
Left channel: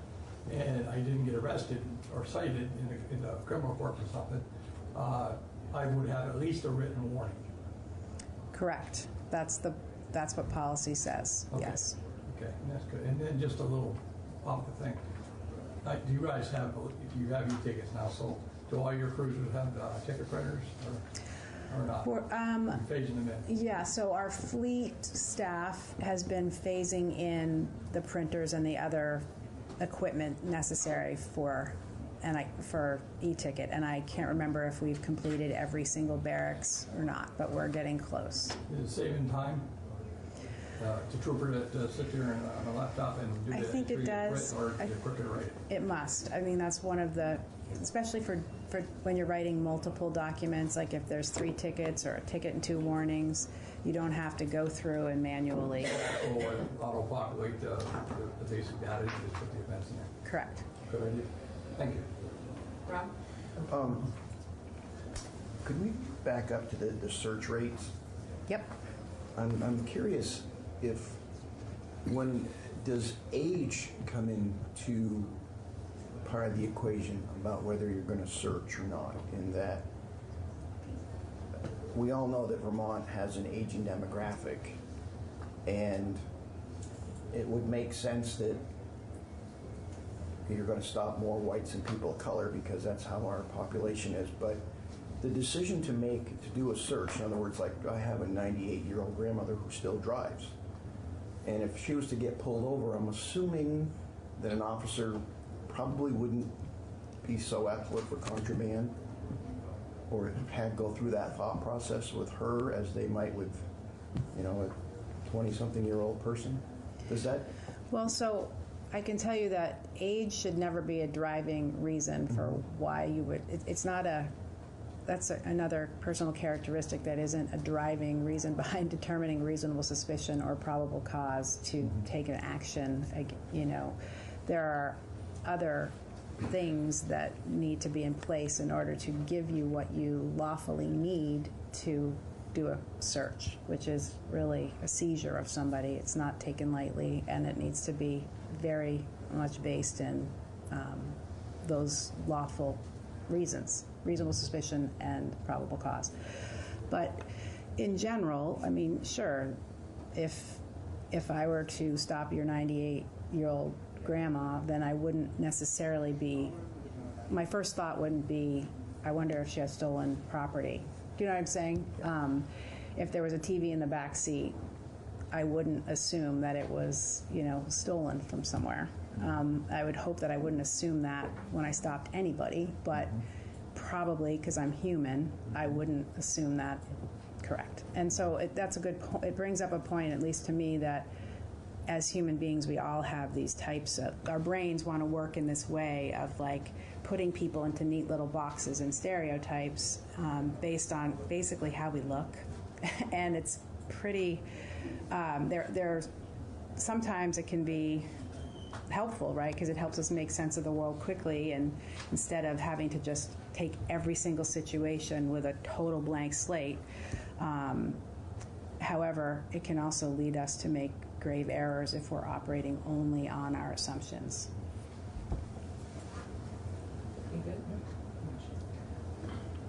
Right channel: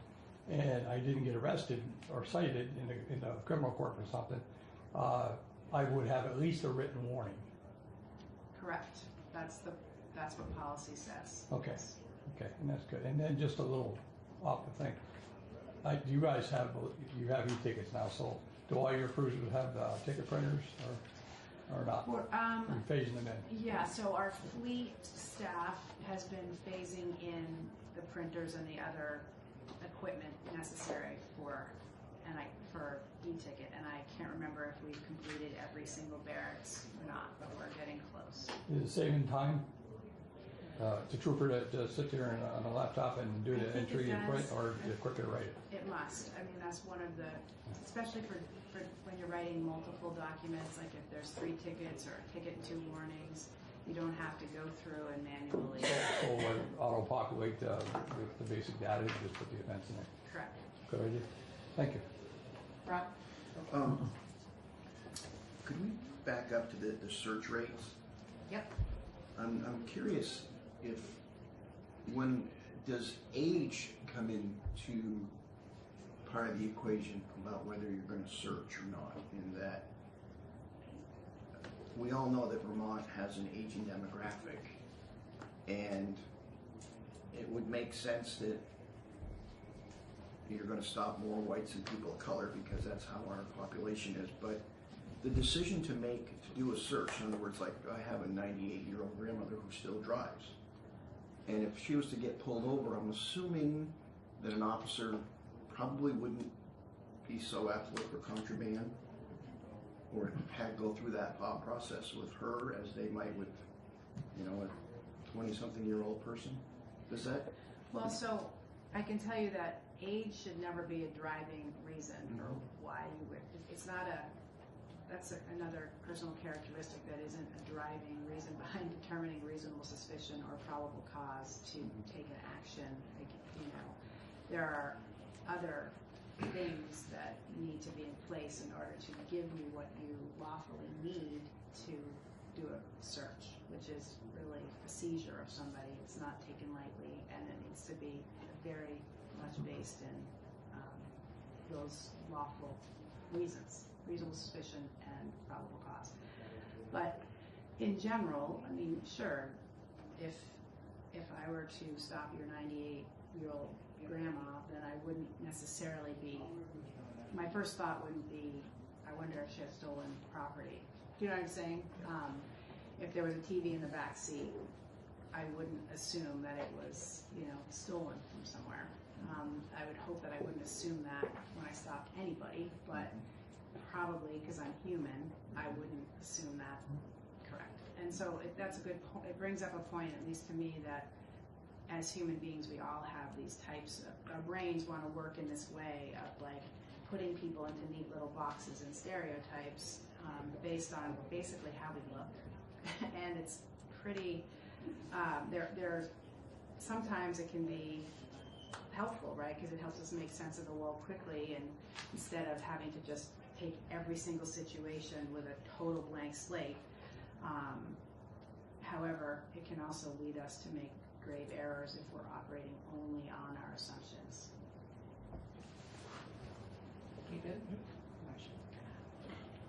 and I didn't get arrested or cited in the criminal court for something, I would have at least a written warning. Correct. That's what policy says, Okay. yes. Okay, and that's good. And then just a little off the thing. Do you guys have e-tickets now? So do all your cruisers have ticket printers or not? We're phasing them in. Yeah, so our fleet staff has been phasing in the printers and the other equipment necessary for e-ticket, and I can't remember if we've completed every single barracks or not, but we're getting close. Is it saving time to trooper to sit there on a laptop and do I the think it entry and does. print, or is it quicker to write it? It must. I mean, that's one of the, especially for when you're writing multiple documents, like if there's 3 tickets or a ticket and 2 warnings, you don't have to go through and manually. Or auto-populate the basic data and just put the events in there. Correct. Good idea. Thank you. Rob? Could we back up to the search rates? Yep. I'm curious when does age come into part of the equation about whether you're going to search or not, in that we all know that Vermont has an aging demographic, and it would make sense that you're going to stop more whites and people of color because that's how our population is. But the decision to do a search, in other words, like I have a 98-year-old grandmother who still drives, and if she was to get pulled over, I'm assuming that an officer probably wouldn't be so apt to look for contraband or go through that thought process with her as they might with, a 20-something-year-old person. Does that? Well, so I can tell you that age should never be a driving reason for why you would, it's not that's another personal characteristic that isn't a driving reason behind determining reasonable suspicion or probable cause to take an action. There are other things that need to be in place in order to give you what you lawfully need to do a search, which is really a seizure of somebody. It's not taken lightly, and it needs to be very much based in those lawful reasons, reasonable suspicion and probable cause. But in general, I mean, sure, if I were to stop your 98-year-old grandma, then I wouldn't necessarily my first thought wouldn't be, I wonder if she has stolen property. Do you know what I'm saying? If there was a TV in the back seat, I wouldn't assume that it was, stolen from somewhere. I would hope that I wouldn't assume that when I stopped anybody, but probably because I'm human, I wouldn't assume that correct. And so that's a good point. It brings up a point, at least to me, that as human beings, we all have these types of, our brains want to work in this way of like putting people into neat little boxes and stereotypes based on basically how we look. And it's pretty, there's sometimes it can be helpful, right? Because it helps us make sense of the world quickly, and instead of having to just take every single situation with a total blank slate. However, it can also lead us to make grave errors if we're operating only on our assumptions.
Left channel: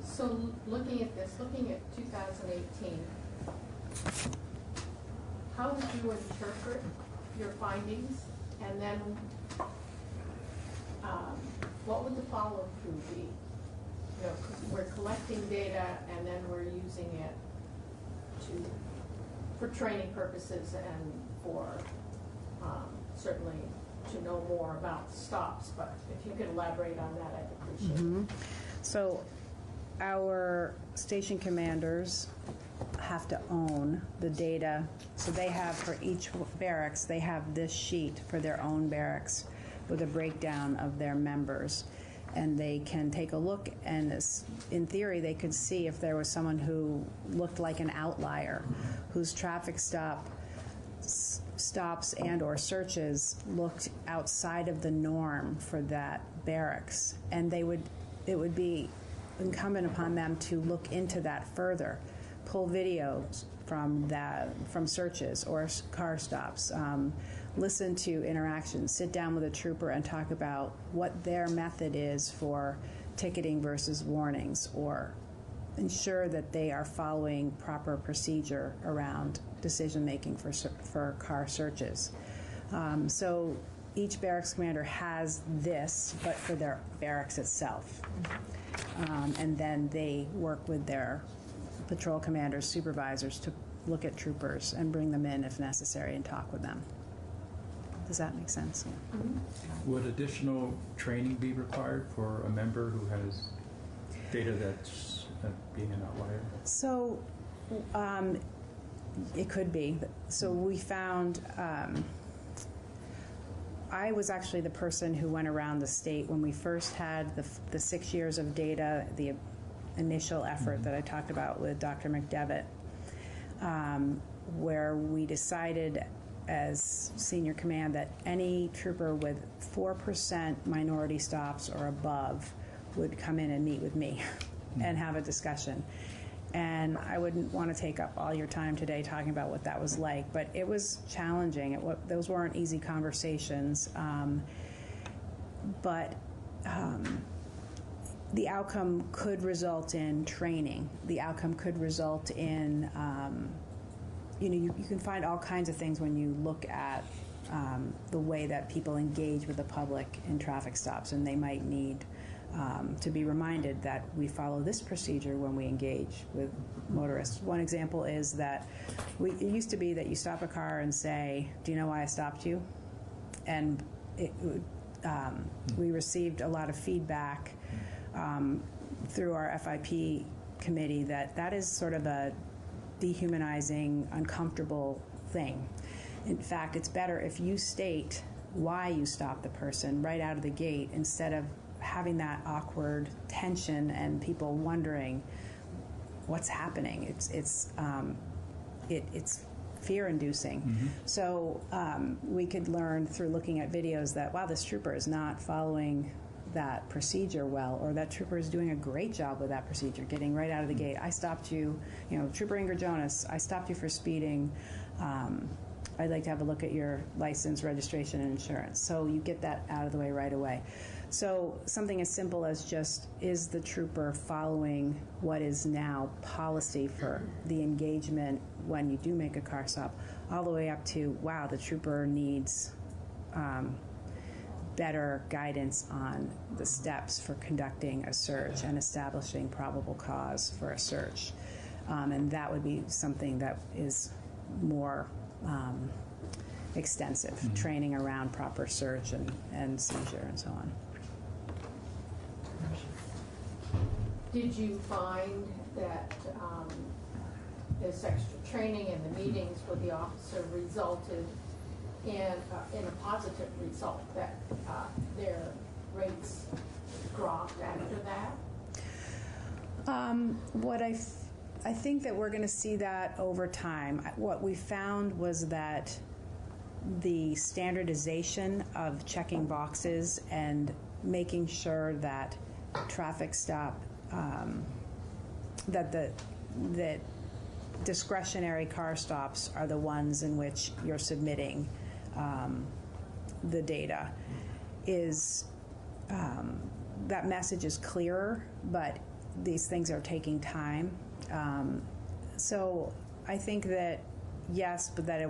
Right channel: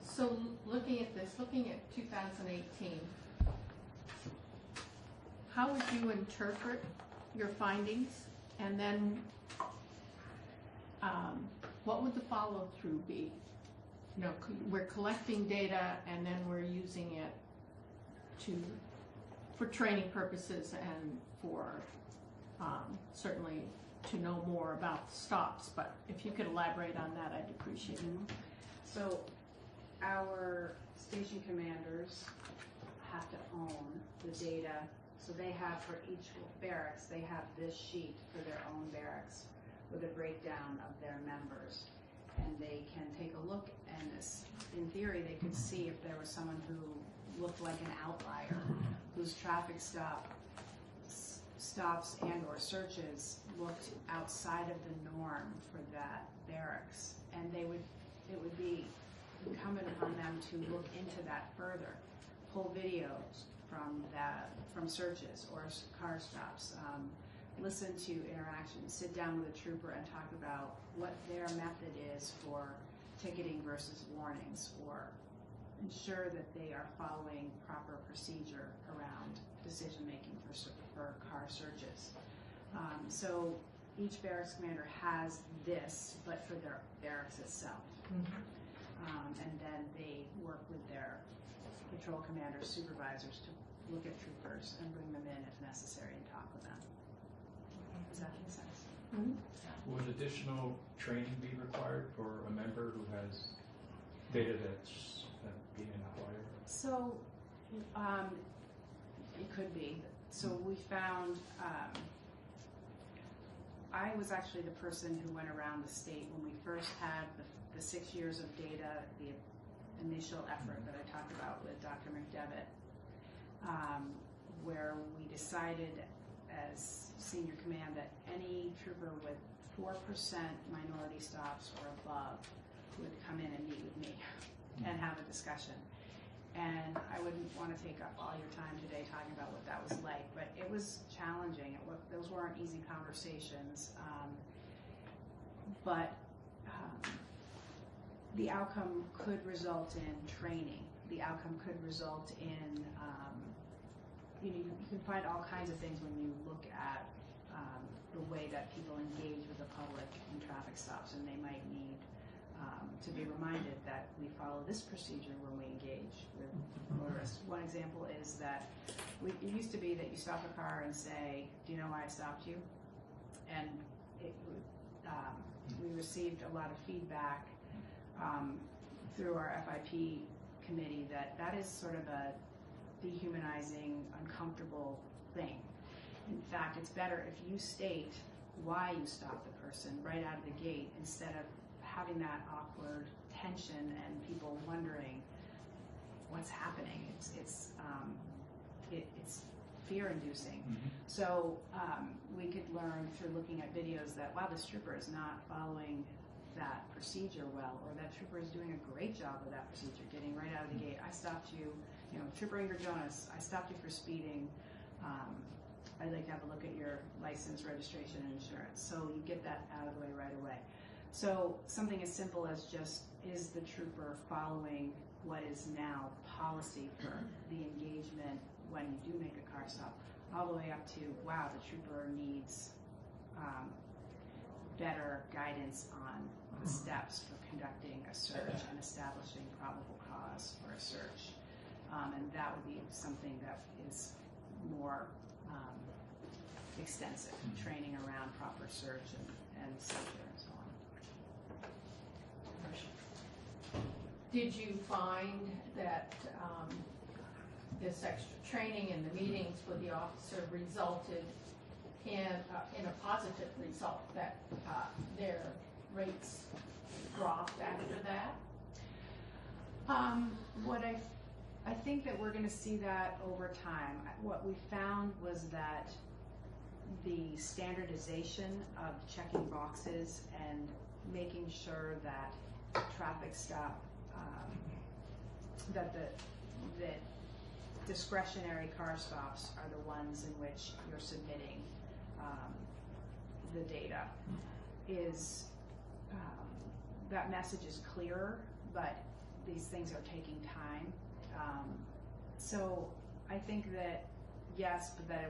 So looking at this, looking at 2018, how would you interpret your findings? And then what would the follow-through be? You know, we're collecting data and then we're using it for training purposes and for certainly to know more about stops. But if you could elaborate on that, I'd appreciate it. So our station commanders have to own the data. So they have, for each barracks, they have this sheet for their own barracks with a breakdown of their members. And they can take a look, and in theory, they could see if there was someone who looked like an outlier, whose traffic stops and or searches looked outside of the norm for that barracks. And it would be incumbent upon them to look into that further, pull videos from searches or car stops, listen to interactions, sit down with a trooper and talk about what their method is for ticketing versus warnings, or ensure that they are following proper procedure around decision making for car searches. So each barracks commander has this, but for their barracks itself. And then they work with their patrol commanders, supervisors to look at troopers and bring them in if necessary and talk with them. Does that make sense? Would additional training be required for a member who has data that's being an outlier? So it could be. So we found, I was actually the person who went around the state when we first had the 6 years of data, the initial effort that I talked about with Dr. McDevitt, where we decided as senior command that any trooper with 4% minority stops or above would come in and meet with me and have a discussion. And I wouldn't want to take up all your time today talking about what that was like, but it was challenging. Those weren't easy conversations. But the outcome could result in training. The outcome could result in you can find all kinds of things when you look at the way that people engage with the public in traffic stops, and they might need to be reminded that we follow this procedure when we engage with motorists. One example is that it used to be that you stop a car and say, "Do you know why I stopped you?" And we received a lot of feedback through our FIP committee that is sort of a dehumanizing, uncomfortable thing. In fact, it's better if you state why you stopped the person right out of the gate instead of having that awkward tension and people wondering what's happening. It's fear-inducing. So we could learn through looking at videos that, wow, this trooper is not following that procedure well, or that trooper is doing a great job with that procedure, getting right out of the gate. I stopped you, Trooper Ingrid Jonas, I stopped you for speeding. I'd like to have a look at your license, registration, and insurance. So you get that out of the way right away. So something as simple as just, is the trooper following what is now policy for the engagement when you do make a car stop, all the way up to, wow, the trooper needs better guidance on the steps for conducting a search and establishing probable cause for a search. And that would be something that is more extensive, training around proper search and seizure and so on. Did you find that this extra training and the meetings with the officer resulted in a positive result, that their rates dropped after that? I think that we're going to see that over time. What we found was that the standardization of checking boxes and making sure that traffic stop, that discretionary car stops are the ones in which you're submitting the data, is that message is clearer, but these things are taking time. So I think that yes, but that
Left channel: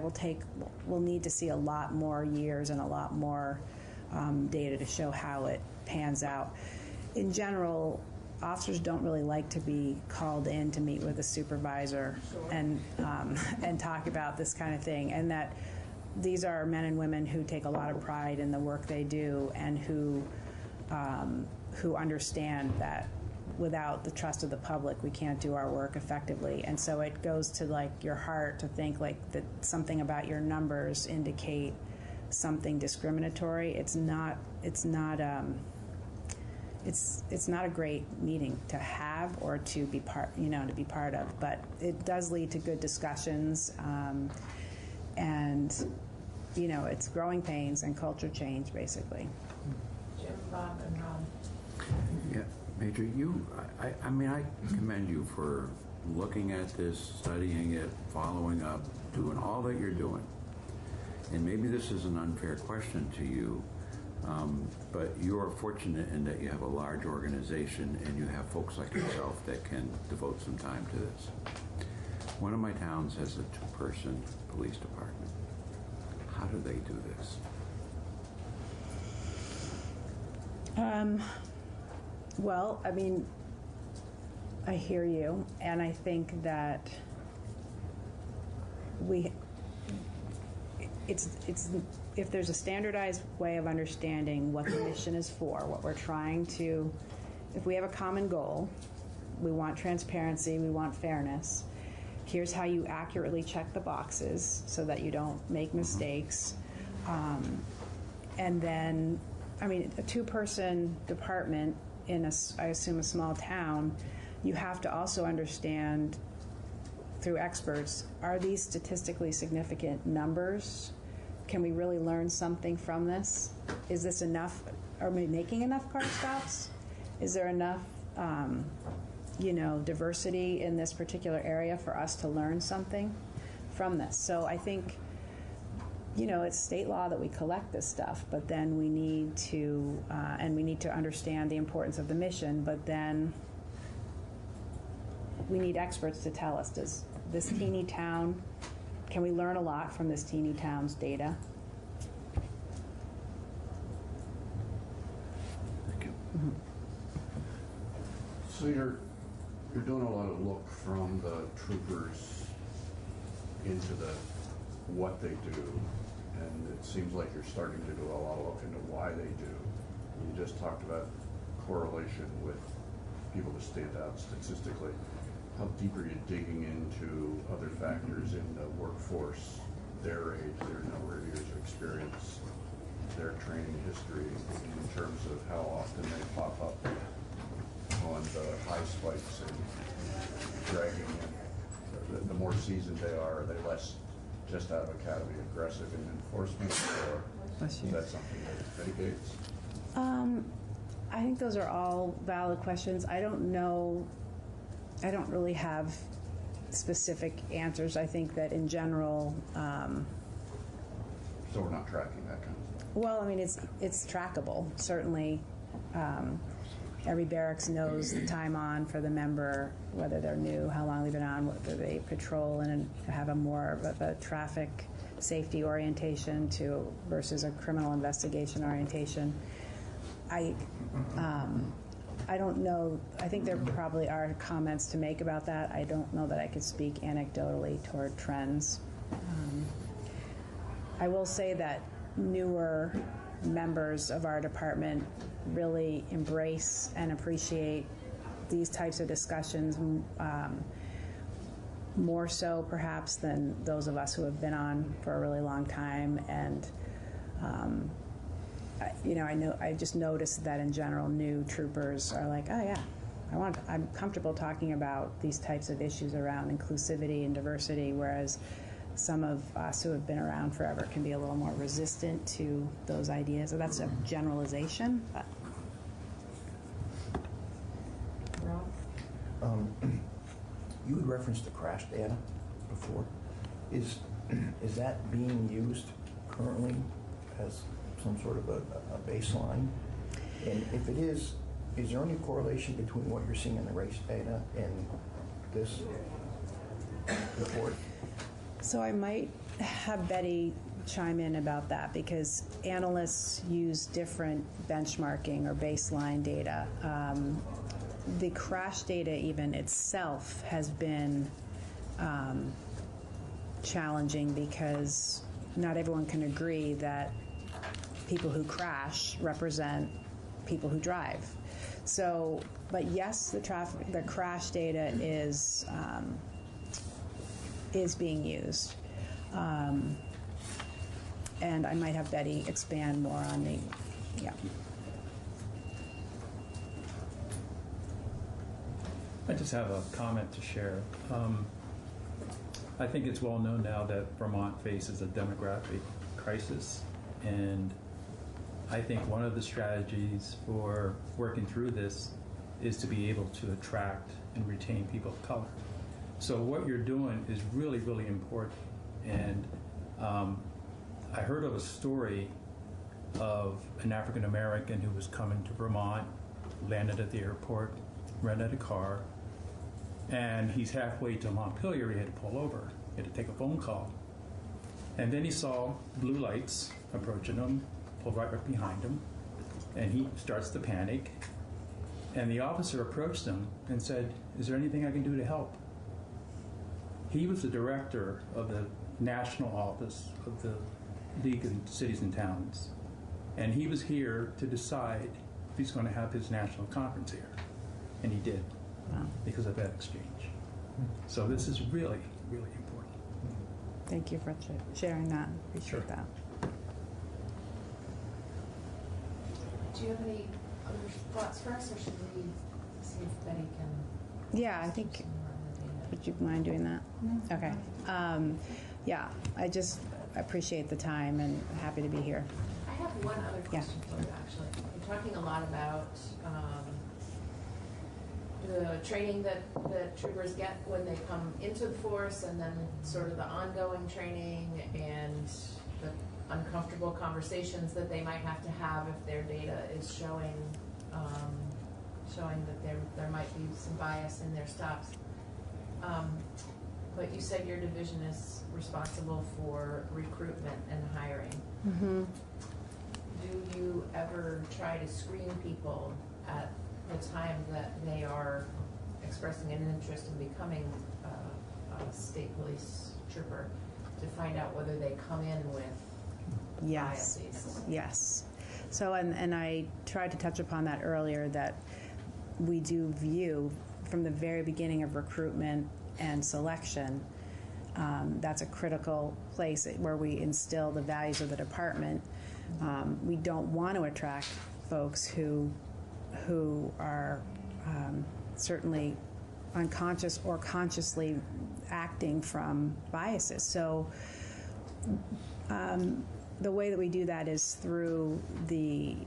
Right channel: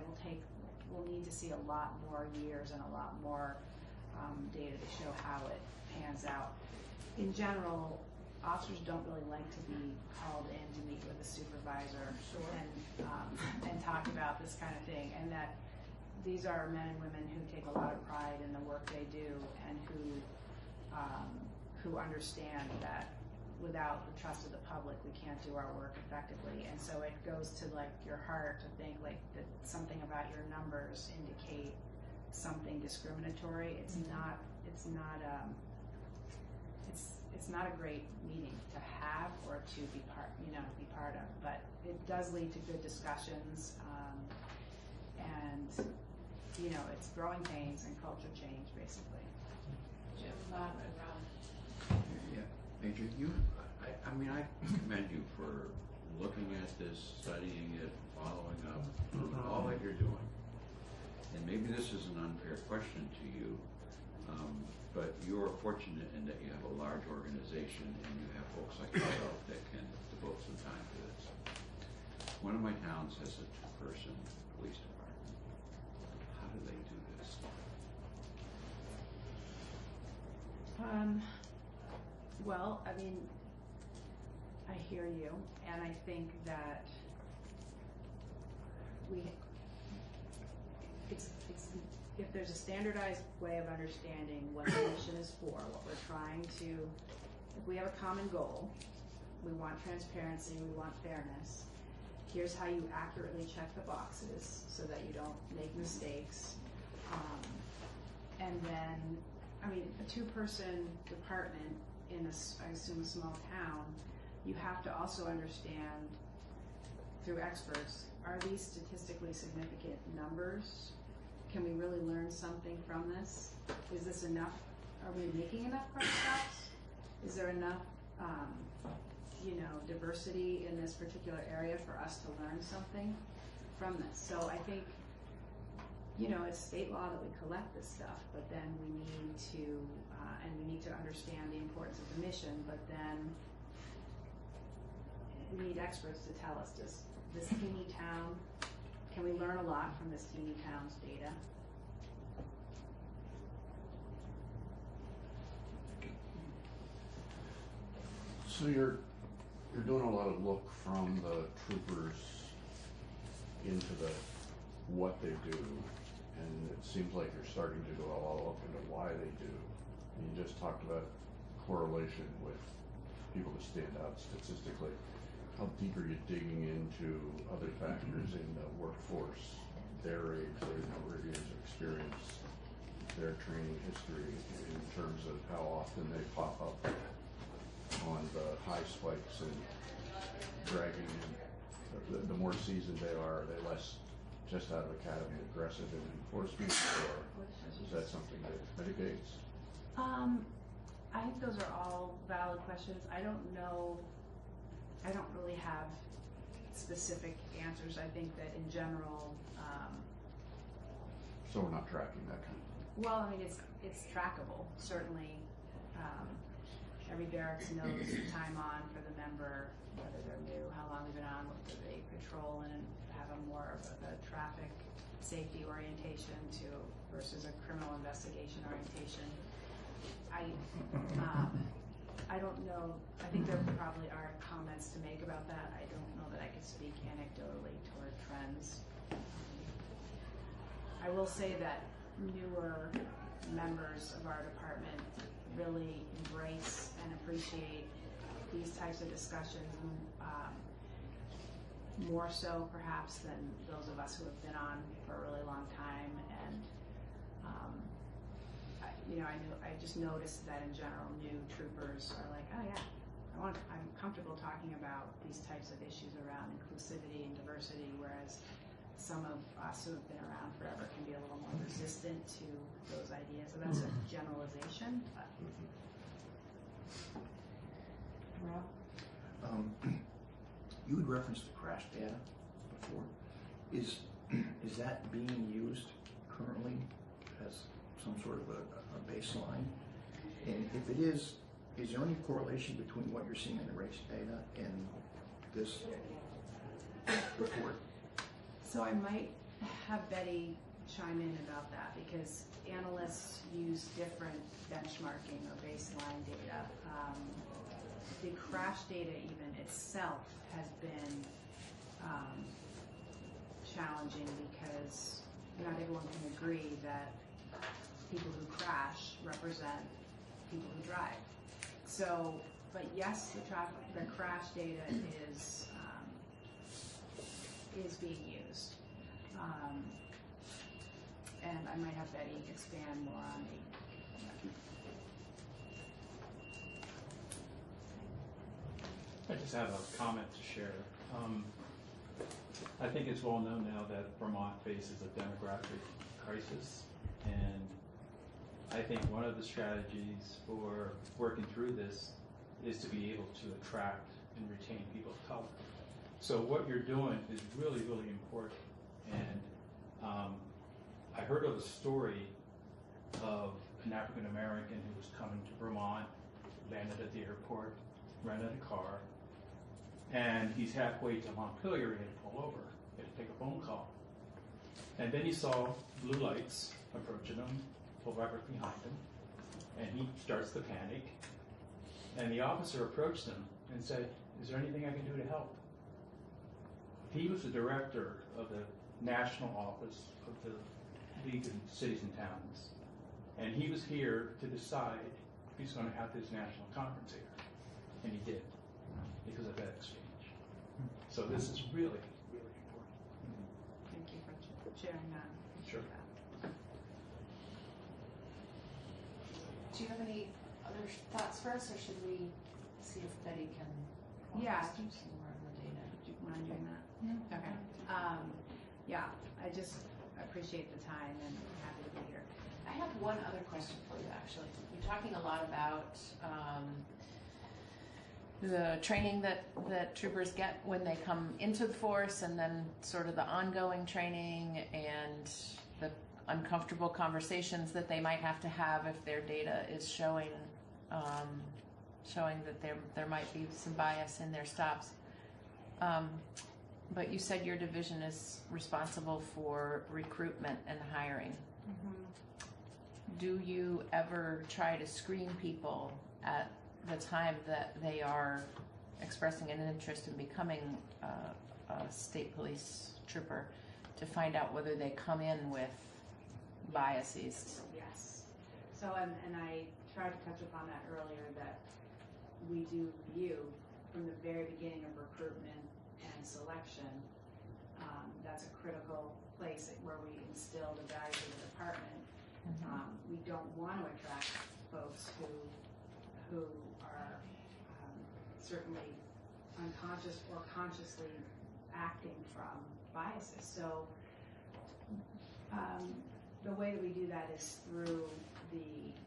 we'll need to see a lot more years and a lot more data to show how it pans out. In general, officers don't really like to be called in to meet with a supervisor and talk about this kind of thing, and that these are men and women who take a lot of pride in the work they do, and who understand that without the trust of the public, we can't do our work effectively. And so it goes to like your heart to think like that something about your numbers indicate something discriminatory. It's not a great meeting to have or to be part of, but it does lead to good discussions, and it's growing pains and culture change, basically. Jim, Bob, and Ron. Yeah, Major, I mean, I commend you for looking at this, studying it, following up, doing all that you're doing. And maybe this is an unfair question to you, but you're fortunate in that you have a large organization and you have folks like yourself that can devote some time to this. One of my towns has a 2-person police department. How do they do this? Well, I mean, I hear you, and I think that it's if there's a standardized way of understanding what the mission is for, what we're trying to, if we have a common goal, we want transparency, we want fairness. Here's how you accurately check the boxes so that you don't make mistakes. And then, I mean, a 2-person department in I assume a small town, you have to also understand through experts, are these statistically significant numbers? Can we really learn something from this? Is this enough? Are we making enough car stops? Is there enough diversity in this particular area for us to learn something from this? So I think, it's state law that we collect this stuff, but then we need to, understand the importance of the mission, but then we need experts to tell us, does this teeny town, can we learn a lot from this teeny town's data? Thank you. So you're doing a lot of look from the troopers into what they do, and it seems like you're starting to do a lot of look into why they do. You just talked about correlation with people who stand out statistically. How deep are you digging into other factors in the workforce, their age, their number of years of experience, their training history, in terms of how often they pop up on the high spikes and dragging in? The more seasoned they are they just out of academy aggressive in enforcement, or is that something that mitigates? I think those are all valid questions. I don't know. I don't really have specific answers. I think that in general. So we're not tracking that kind of thing? Well, I mean, it's trackable. Certainly, every barracks knows the time on for the member, whether they're new, how long they've been on, whether they patrol and have a more of a traffic safety orientation versus a criminal investigation orientation. I don't know. I think there probably are comments to make about that. I don't know that I could speak anecdotally toward trends. I will say that newer members of our department really embrace and appreciate these types of discussions more so perhaps than those of us who have been on for a really long time. And I just noticed that in general, new troopers are like, oh yeah, I'm comfortable talking about these types of issues around inclusivity and diversity, whereas some of us who have been around forever can be a little more resistant to those ideas. So that's a generalization, but. You had referenced the crash data before. Is that being used currently as some sort of a baseline? And if it is there any correlation between what you're seeing in the race data and this report? So I might have Betty chime in about that, because analysts use different benchmarking or baseline data. The crash data even itself has been challenging, because not everyone can agree that people who crash represent people who drive. So, but yes, the crash data is being used. And I might have Betty expand more on the, yeah. I just have a comment to share. I think it's well known now that Vermont faces a demographic crisis, and I think one of the strategies for working through this is to be able to attract and retain people of color. So what you're doing is really, really important. And I heard of a story of an African American who was coming to Vermont, landed at the airport, rented a car, and he's halfway to Montpelier. He had to pull over. He had to take a phone call. And then he saw blue lights approaching him, pulled right up behind him, and he starts to panic. And the officer approached him and said, "Is there anything I can do to help?" He was the director of the national office of the League of Cities and Towns. And he was here to decide if he's going to have his national conference here. And he did, because of that exchange. So this is really, really important. Thank you for sharing that. Appreciate that. Do you have any other thoughts for us, or should we see if Betty can? Yeah, I think, would you mind doing that? Mm-hmm. Okay. Yeah, I just appreciate the time and happy to be here. I have one other question for you, actually. You're talking a lot about the training that troopers get when they come into the force, and then sort of the ongoing training and the uncomfortable conversations that they might have to have if their data is showing that there might be some bias in their stops. But you said your division is responsible for recruitment and hiring. Mm-hmm. Do you ever try to screen people at the time that they are expressing an interest in becoming a state police trooper, to find out whether they come in with biases? Yes. So, and I tried to touch upon that earlier, that we do view from the very beginning of recruitment and selection, that's a critical place where we instill the values of the department. We don't want to attract folks who are certainly unconscious or consciously acting from biases. So the way that we do that is through the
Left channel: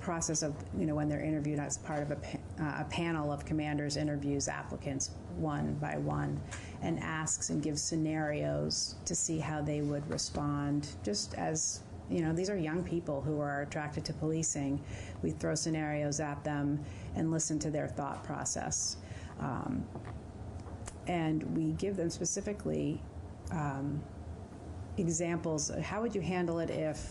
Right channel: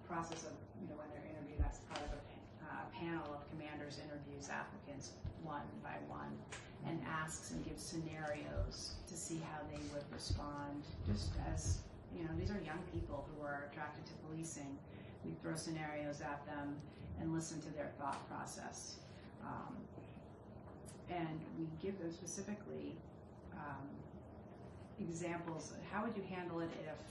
process of, when they're interviewed as part of a panel of commanders interviews applicants one by one and asks and gives scenarios to see how they would respond. Just as, these are young people who are attracted to policing. We throw scenarios at them and listen to their thought process. And we give them specifically examples of how would you handle it if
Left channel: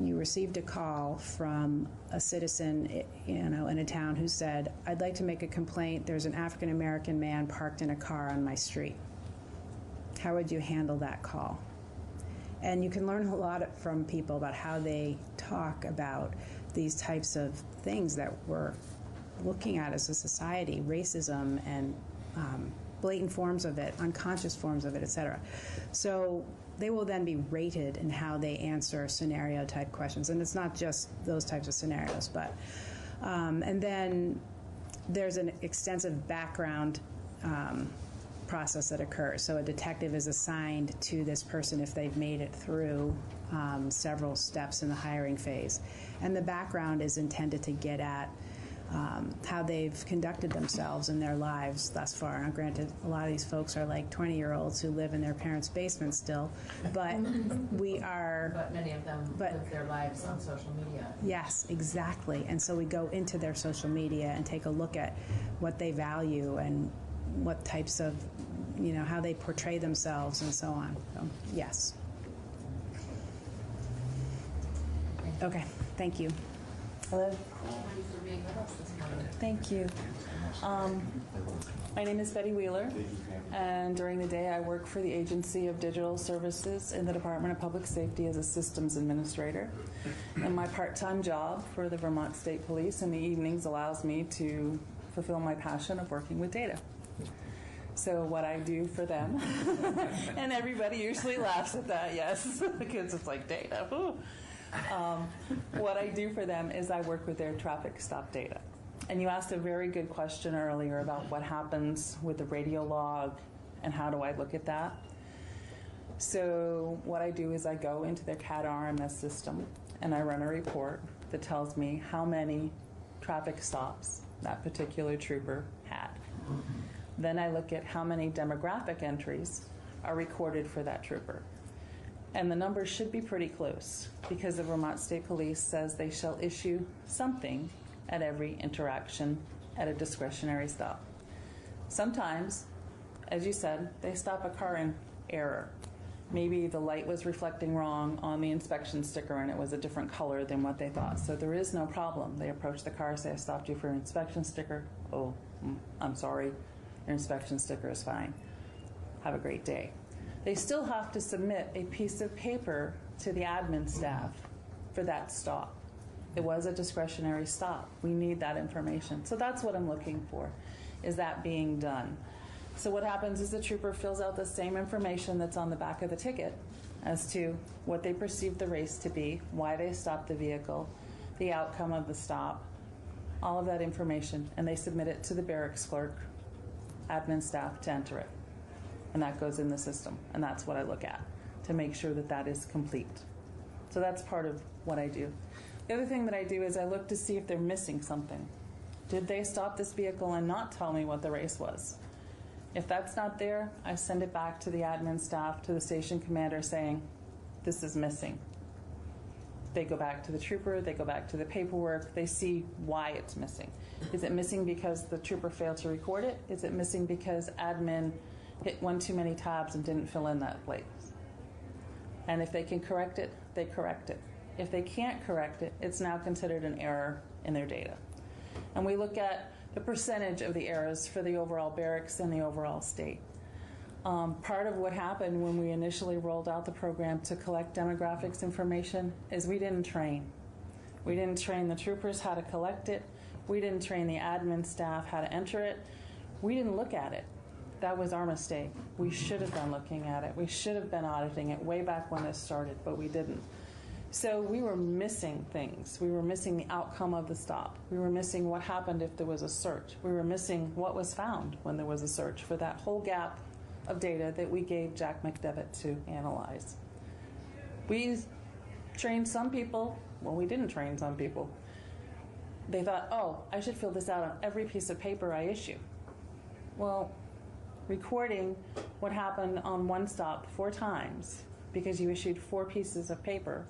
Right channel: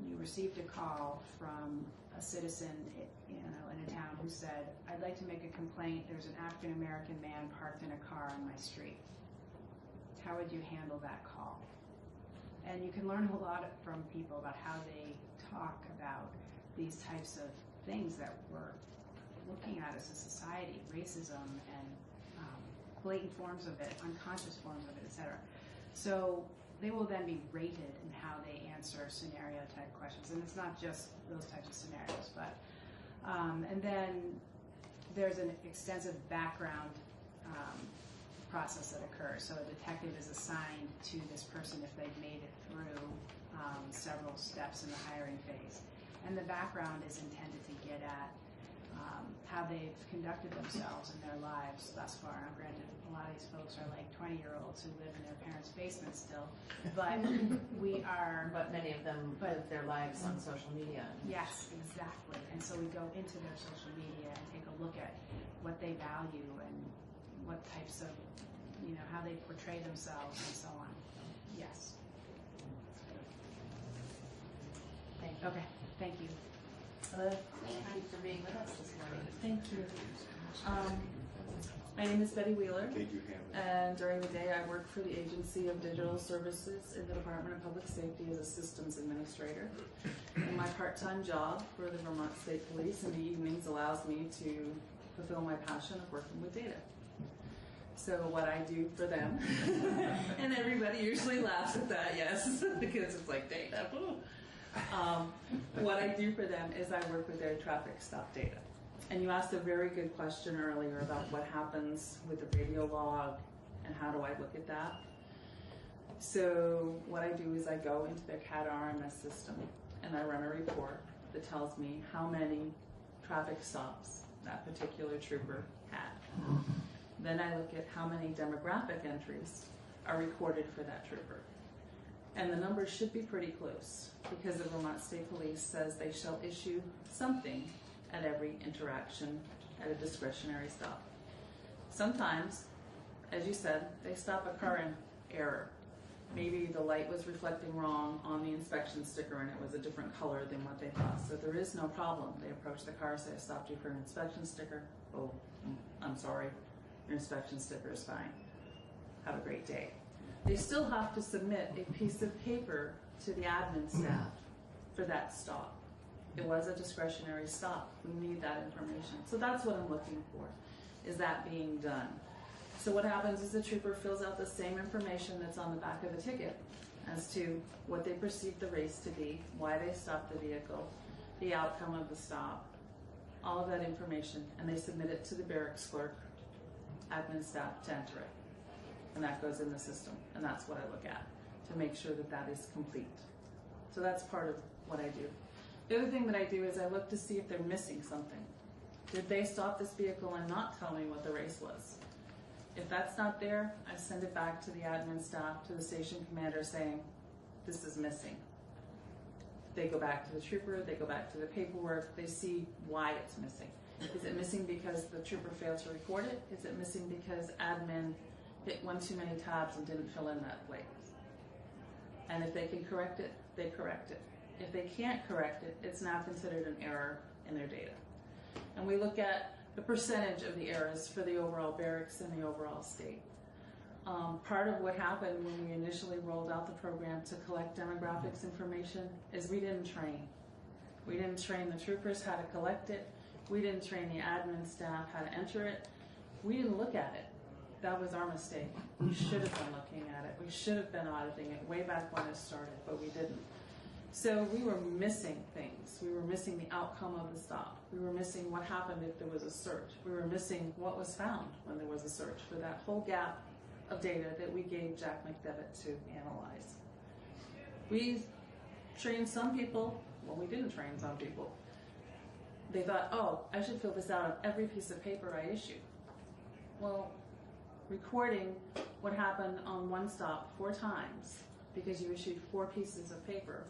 you received a call from a citizen, in a town who said, "I'd like to make a complaint. There's an African American man parked in a car on my street." How would you handle that call? And you can learn a lot from people about how they talk about these types of things that we're looking at as a society, racism and blatant forms of it, unconscious forms of it, etc. So they will then be rated in how they answer scenario type questions. And it's not just those types of scenarios, but, and then there's an extensive background process that occurs. So a detective is assigned to this person if they've made it through several steps in the hiring phase. And the background is intended to get at how they've conducted themselves in their lives thus far. Now, granted, a lot of these folks are like 20-year-olds who live in their parents' basement still, but we are. But many of them live their lives on social media. Yes, exactly. And so we go into their social media and take a look at what they value and what types of, how they portray themselves and so on. So, yes. Okay, thank you. Hello. Thank you for being with us this morning. Thank you. My name is Betty Wheeler, and during the day I work for the Agency of Digital Services in the Department of Public Safety as a systems administrator. And my part-time job for the Vermont State Police in the evenings allows me to fulfill my passion of working with data. So what I do for them, and everybody usually laughs at that, yes, because it's like data. What I do for them is I work with their traffic stop data. And you asked a very good question earlier about what happens with the radio log and how do I look at that. So what I do is I go into their CAD RMS system and I run a report that tells me how many traffic stops that particular trooper had. Then I look at how many demographic entries are recorded for that trooper. And the numbers should be pretty close because the Vermont State Police says they shall issue something at every interaction at a discretionary stop. Sometimes, as you said, they stop a car in error. Maybe the light was reflecting wrong on the inspection sticker and it was a different color than what they thought. So there is no problem. They approach the car, say, I stopped you for an inspection sticker. Oh, I'm sorry. Your inspection sticker is fine. Have a great day. They still have to submit a piece of paper to the admin staff for that stop. It was a discretionary stop. We need that information. So that's what I'm looking for, is that being done. So what happens is the trooper fills out the same information that's on the back of the ticket as to what they perceive the race to be, why they stopped the vehicle, the outcome of the stop, all of that information, and they submit it to the barracks clerk, admin staff to enter it. And that goes in the system, and that's what I look at to make sure that that is complete. So that's part of what I do. The other thing that I do is I look to see if they're missing something. Did they stop this vehicle and not tell me what the race was? If that's not there, I send it back to the admin staff, to the station commander saying, this is missing. They go back to the trooper, they go back to the paperwork, they see why it's missing. Is it missing because the trooper failed to record it? Is it missing because admin hit one too many tabs and didn't fill in that place? And if they can correct it, they correct it. If they can't correct it, it's now considered an error in their data. And we look at the percentage of the errors for the overall barracks and the overall state. Part of what happened when we initially rolled out the program to collect demographics information is we didn't train. We didn't train the troopers how to collect it. We didn't train the admin staff how to enter it. We didn't look at it. That was our mistake. We should have been looking at it. We should have been auditing it way back when it started, but we didn't. So we were missing things. We were missing the outcome of the stop. We were missing what happened if there was a search. We were missing what was found when there was a search for that whole gap of data that we gave Jack McDevitt to analyze. We trained some people. Well, we didn't train some people. They thought, oh, I should fill this out on every piece of paper I issue. Well, recording what happened on one stop 4 times because you issued 4 pieces of paper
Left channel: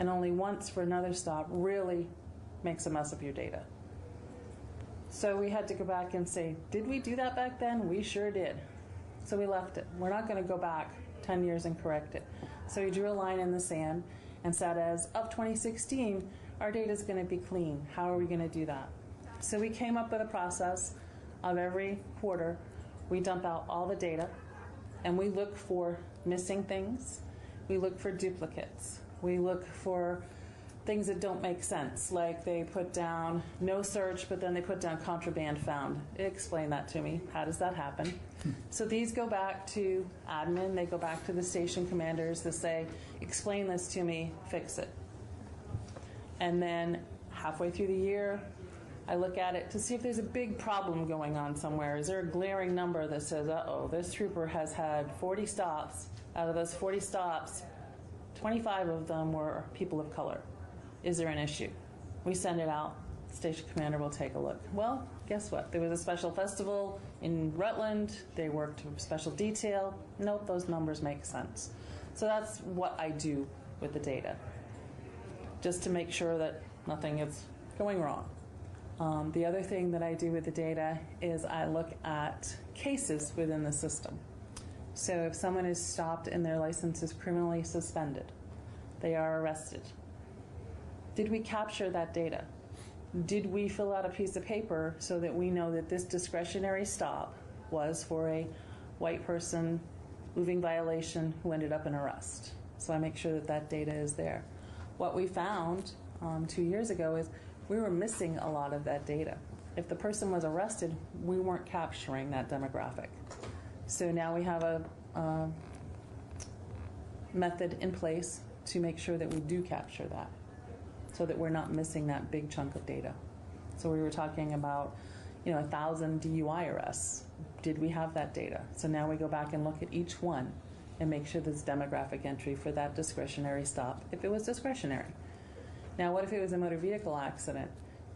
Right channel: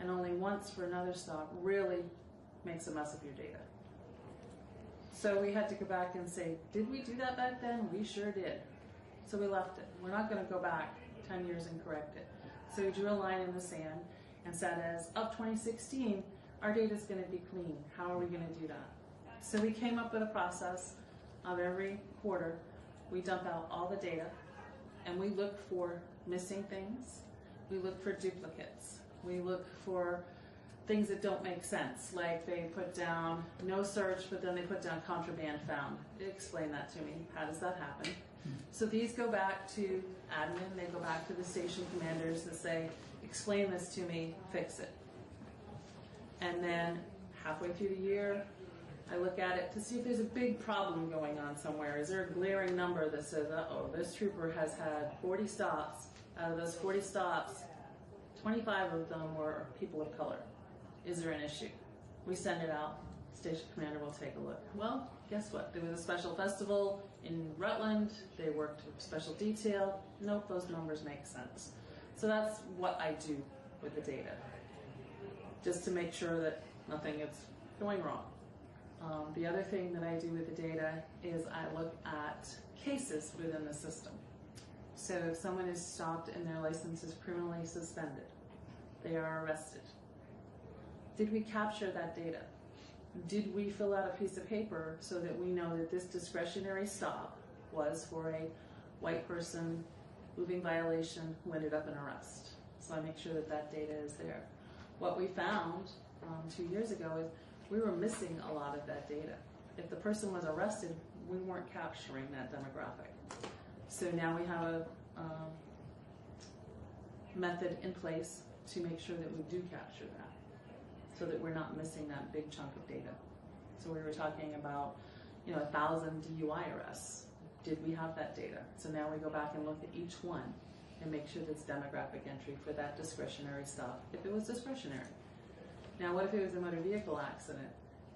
and only once for another stop really makes a mess of your data. So we had to go back and say, did we do that back then? We sure did. So we left it. We're not going to go back 10 years and correct it. So we drew a line in the sand and said, as of 2016, our data is going to be clean. How are we going to do that? So we came up with a process of every quarter, we dump out all the data and we look for missing things. We look for duplicates. We look for things that don't make sense, like they put down no search, but then they put down contraband found. Explain that to me. How does that happen? So these go back to admin. They go back to the station commanders to say, explain this to me, fix it. And then halfway through the year, I look at it to see if there's a big problem going on somewhere. Is there a glaring number that says, uh-oh, this trooper has had 40 stops. Out of those 40 stops, 25 of them were people of color. Is there an issue? We send it out station commander will take a look. Well, guess what? There was a special festival in Rutland. They worked with special detail. Nope, those numbers make sense. So that's what I do with the data, just to make sure that nothing is going wrong. The other thing that I do with the data is I look at cases within the system. So if someone is stopped and their license is criminally suspended, they are arrested. Did we capture that data? Did we fill out a piece of paper so that we know that this discretionary stop was for a white person moving violation who ended up in arrest? So I make sure that that data is there. What we found 2 years ago is we were missing a lot of that data. If the person was arrested, we weren't capturing that demographic. So now we have a method in place to make sure that we do capture that, so that we're not missing that big chunk of data. So we were talking about, 1,000 DUI arrests. Did we have that data? So now we go back and look at each one and make sure there's demographic entry for that discretionary stop, if it was discretionary. Now, what if it was a motor vehicle accident?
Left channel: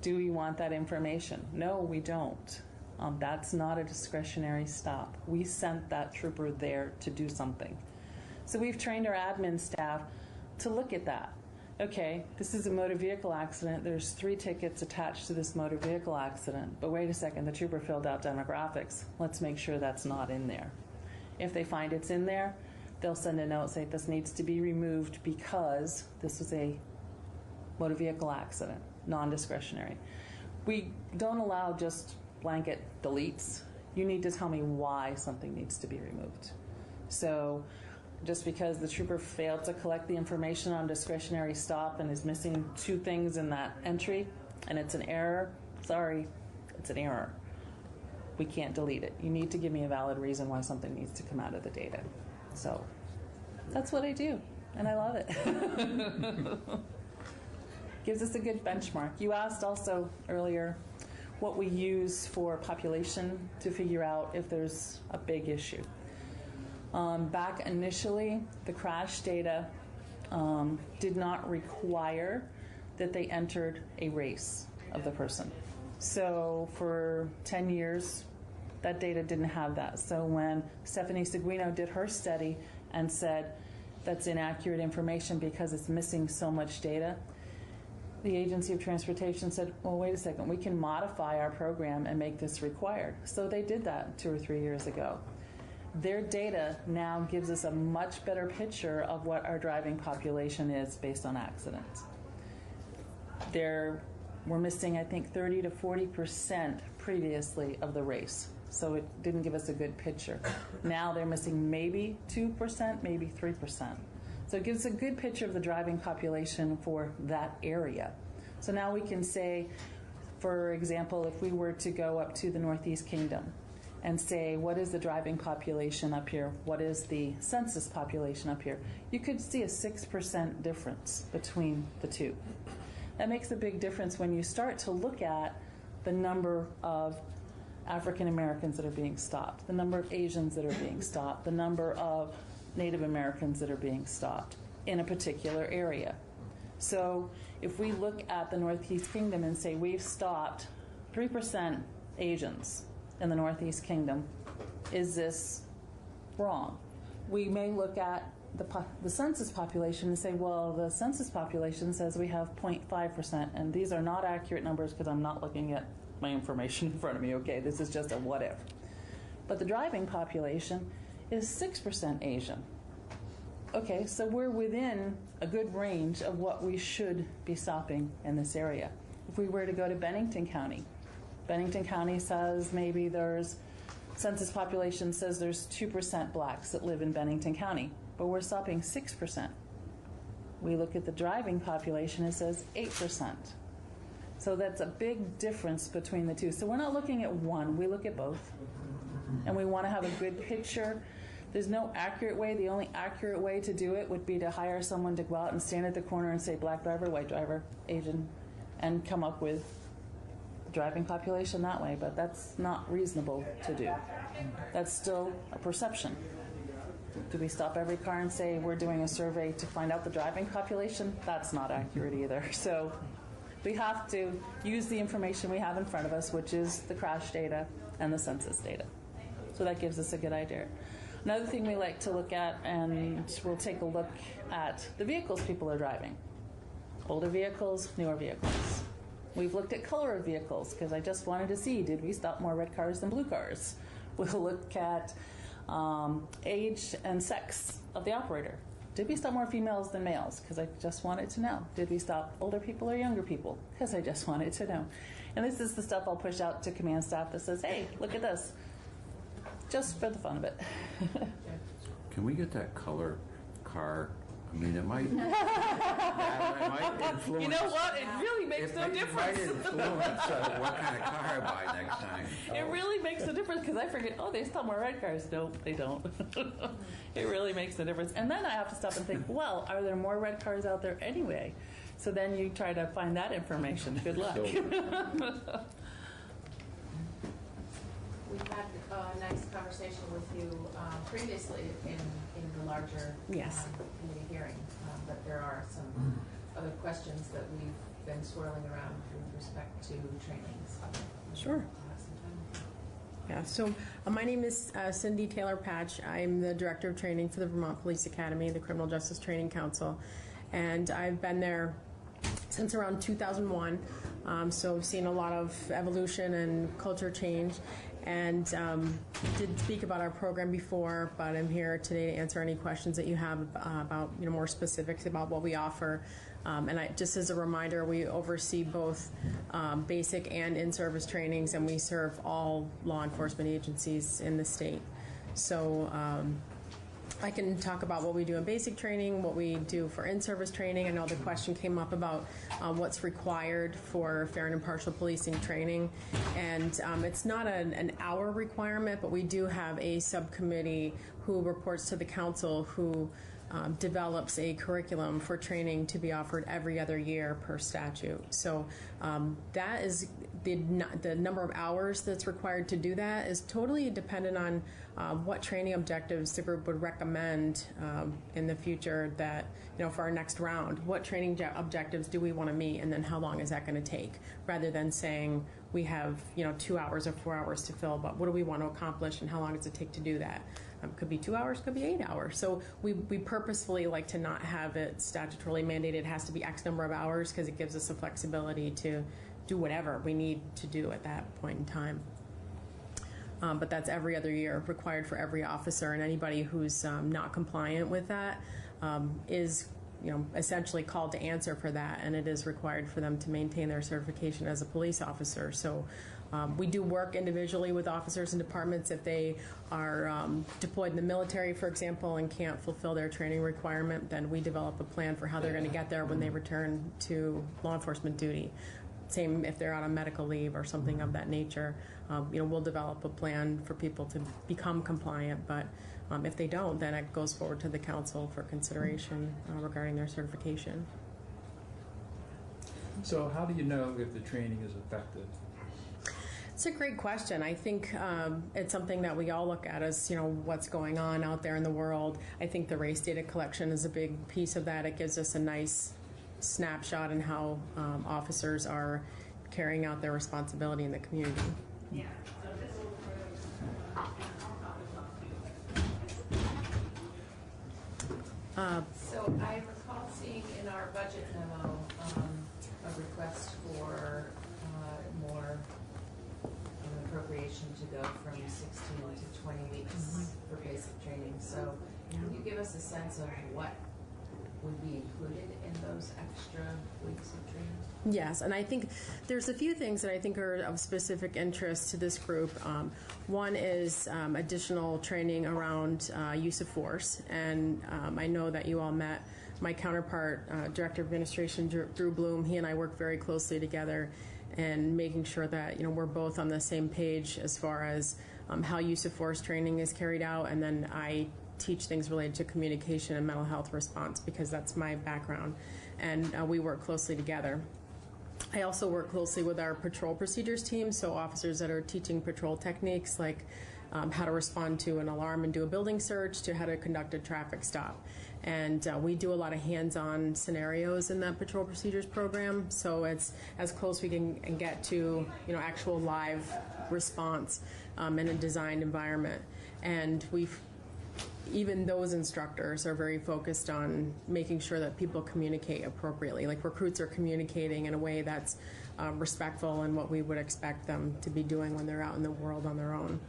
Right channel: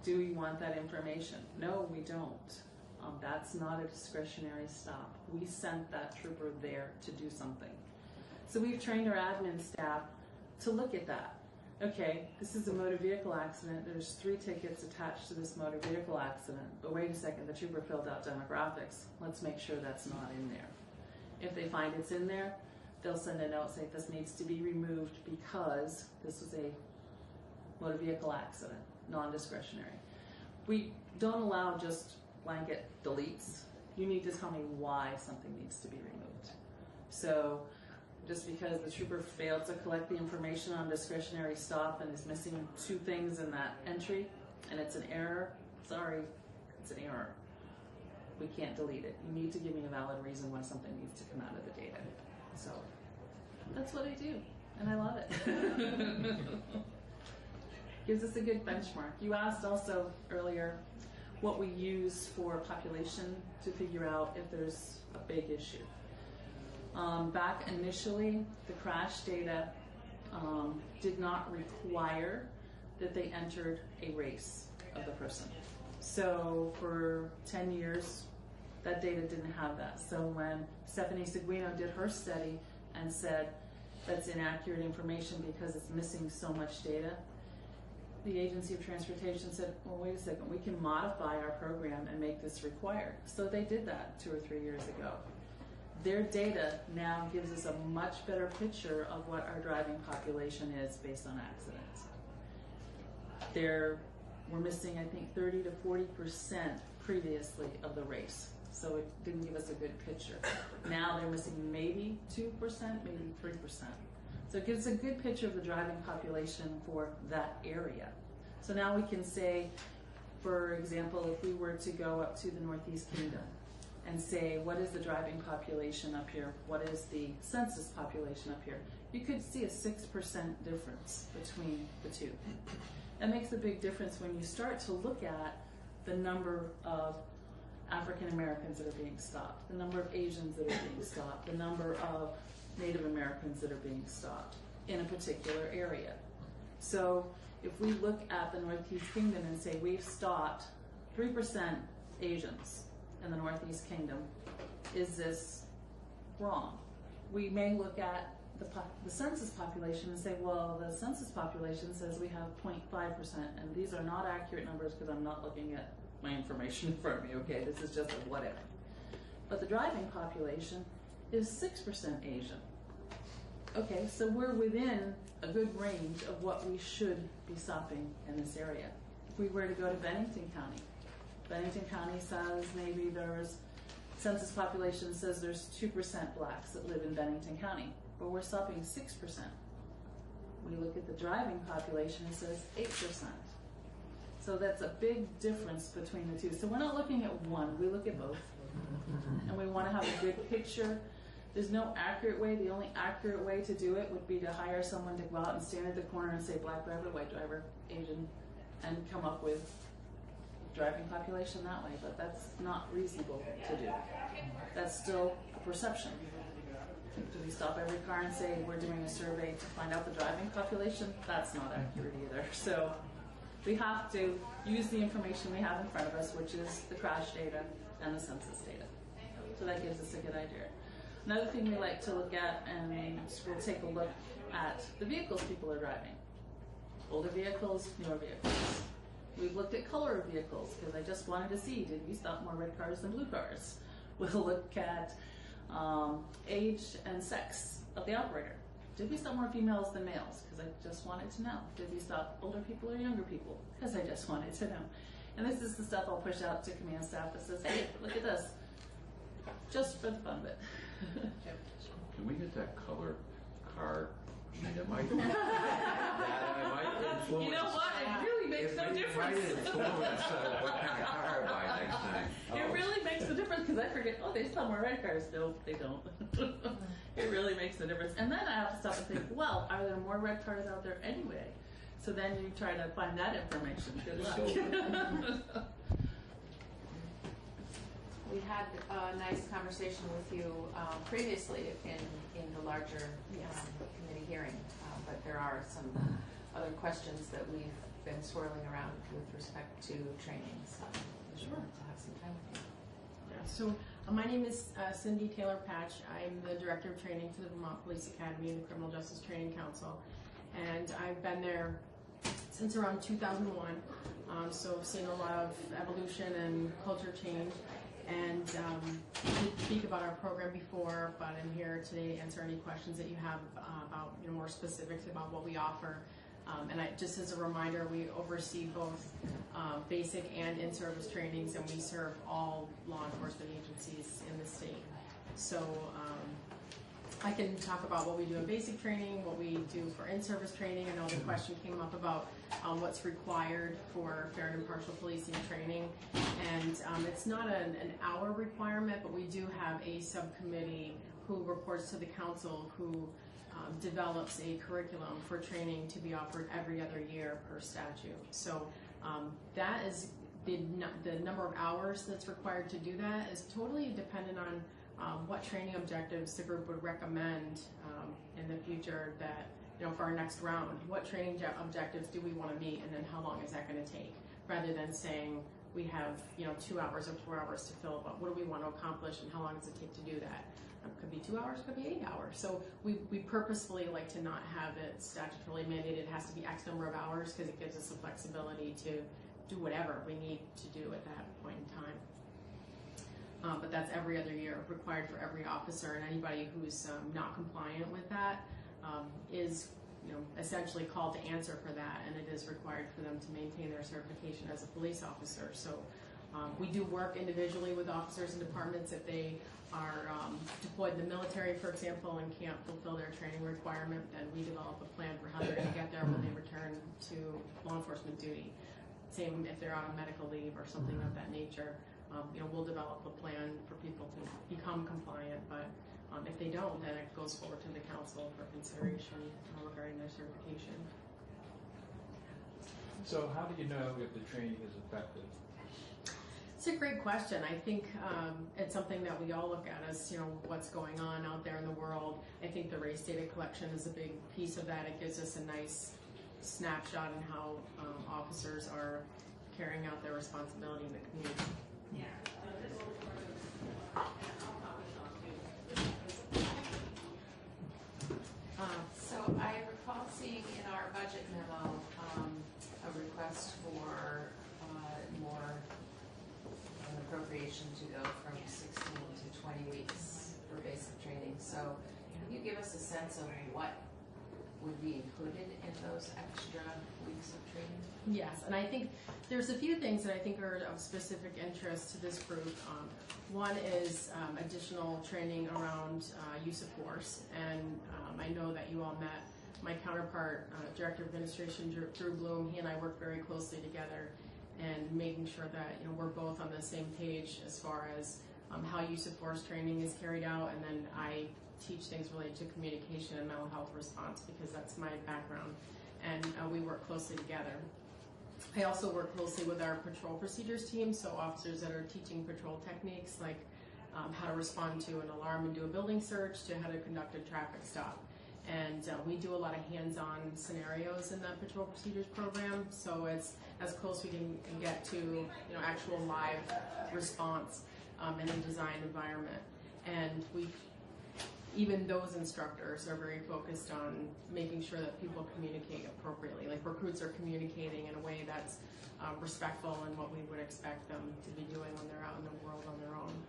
Do we want that information? No, we don't. That's not a discretionary stop. We sent that trooper there to do something. So we've trained our admin staff to look at that. Okay, this is a motor vehicle accident. There's 3 tickets attached to this motor vehicle accident. But wait a second, the trooper filled out demographics. Let's make sure that's not in there. If they find it's in there, they'll send a note saying this needs to be removed because this was a motor vehicle accident, non-discretionary. We don't allow just blanket deletes. You need to tell me why something needs to be removed. So just because the trooper failed to collect the information on discretionary stop and is missing 2 things in that entry and it's an error, sorry, it's an error. We can't delete it. You need to give me a valid reason why something needs to come out of the data. So that's what I do, and I love it. Gives us a good benchmark. You asked also earlier what we use for population to figure out if there's a big issue. Back initially, the crash data did not require that they entered a race of the person. So for 10 years, that data didn't have that. So when Stephanie Seguino did her study and said that's inaccurate information because it's missing so much data, the Agency of Transportation said, well, wait a second, we can modify our program and make this required. So they did that 2 or 3 years ago. Their data now gives us a much better picture of what our driving population is based on accidents. We're missing, I think, 30 to 40% previously of the race. So it didn't give us a good picture. Now they're missing maybe 2%, maybe 3%. So it gives a good picture of the driving population for that area. So now we can say, for example, if we were to go up to the Northeast Kingdom and say, what is the driving population up here? What is the census population up here? You could see a 6% difference between the two. That makes a big difference when you start to look at the number of African Americans that are being stopped, the number of Asians that are being stopped, the number of Native Americans that are being stopped in a particular area. So if we look at the Northeast Kingdom and say we've stopped 3% Asians in the Northeast Kingdom, is this wrong? We may look at the census population and say, well, the census population says we have 0.5%, and these are not accurate numbers because I'm not looking at my information in front of me. Okay, this is just a what if. But the driving population is 6% Asian. Okay, so we're within a good range of what we should be stopping in this area. If we were to go to Bennington County says maybe census population says there's 2% blacks that live in Bennington County, but we're stopping 6%. We look at the driving population, it says 8%. So that's a big difference between the two. So we're not looking at one, we look at both. And we want to have a good picture. There's no accurate way. The only accurate way to do it would be to hire someone to go out and stand at the corner and say black driver, white driver, Asian, and come up with driving population that way, but that's not reasonable to do. That's still a perception. Do we stop every car and say we're doing a survey to find out the driving population? That's not accurate either. So We have to use the information we have in front of us, which is the crash data and the census data. So that gives us a good idea. Another thing we like to look at, and we'll take a look at the vehicles people are driving. Older vehicles, newer vehicles. We've looked at color of vehicles because I just wanted to see, did we stop more red cars than blue cars? We'll look at age and sex of the operator. Did we stop more females than males? Because I just wanted to know. Did we stop older people or younger people? Because I just wanted to know. And this is the stuff I'll push out to command staff that says, hey, look at this. Just for the fun of it. Can we get that color car? I mean, it might, it might influence. You know what? It really makes no difference. It might influence what kind of car I buy next time. It really makes a difference because I forget, oh, they stop more red cars. No, they don't. It really makes a difference. And then I have to stop and think, well, are there more red cars out there anyway? So then you try to find that information. Good luck. We had a nice conversation with you previously in the larger committee hearing, but there are some other questions that we've been swirling around with respect to training. So sure. Yeah, so my name is Cindy Taylor Patch. I'm the Director of Training for the Vermont Police Academy and the Criminal Justice Training Council. And I've been there since around 2001, so I've seen a lot of evolution and culture change. And did speak about our program before, but I'm here today to answer any questions that you have about more specifics about what we offer. And just as a reminder, we oversee both basic and in-service trainings, and we serve all law enforcement agencies in the state. So I can talk about what we do in basic training, what we do for in-service training. I know the question came up about what's required for fair and impartial policing training. And it's not an hour requirement, but we do have a subcommittee who reports to the council who develops a curriculum for training to be offered every other year per statute. So that is the number of hours that's required to do that is totally dependent on what training objectives the group would recommend in the future that, for our next round. What training objectives do we want to meet, and then how long is that going to take? Rather than saying we have, 2 hours or 4 hours to fill, but what do we want to accomplish and how long does it take to do that? Could be 2 hours, could be 8 hours. So we purposefully like to not have it statutorily mandated. It has to be X number of hours because it gives us the flexibility to do whatever we need to do at that point in time. But that's every other year, required for every officer, and anybody who's not compliant with that is, essentially called to answer for that, and it is required for them to maintain their certification as a police officer. So we do work individually with officers and departments if they are deployed in the military, for example, and can't fulfill their training requirement. Then we develop a plan for how they're going to get there when they return to law enforcement duty. Same if they're on a medical leave or something of that nature. We'll develop a plan for people to become compliant, but if they don't, then it goes forward to the council for consideration regarding their certification. So how do you know if the training is effective? It's a great question. I think it's something that we all look at as, what's going on out there in the world. I think the race data collection is a big piece of that. It gives us a nice snapshot in how officers are carrying out their responsibility in the community. Yeah. So I recall seeing in our budget memo a request for more appropriation to go from 16 to 20 weeks for basic training. So can you give us a sense of what would be included in those extra weeks of training? Yes, and I think there's a few things that I think are of specific interest to this group. One is additional training around use of force, and I know that you all met my counterpart, Director of Administration Drew Bloom. He and I work very closely together and making sure that we're both on the same page as far as how use of force training is carried out, and then I teach things related to communication and mental health response because that's my background, and we work closely together. I also work closely with our patrol procedures team, so officers that are teaching patrol techniques like how to respond to an alarm and do a building search to how to conduct a traffic stop. And we do a lot of hands-on scenarios in that patrol procedures program, so it's as close we can get to, you know, actual live response in a designed environment. And even those instructors are very focused on making sure that people communicate appropriately. Like recruits are communicating in a way that's respectful and what we would expect them to be doing when they're out in the world on their own.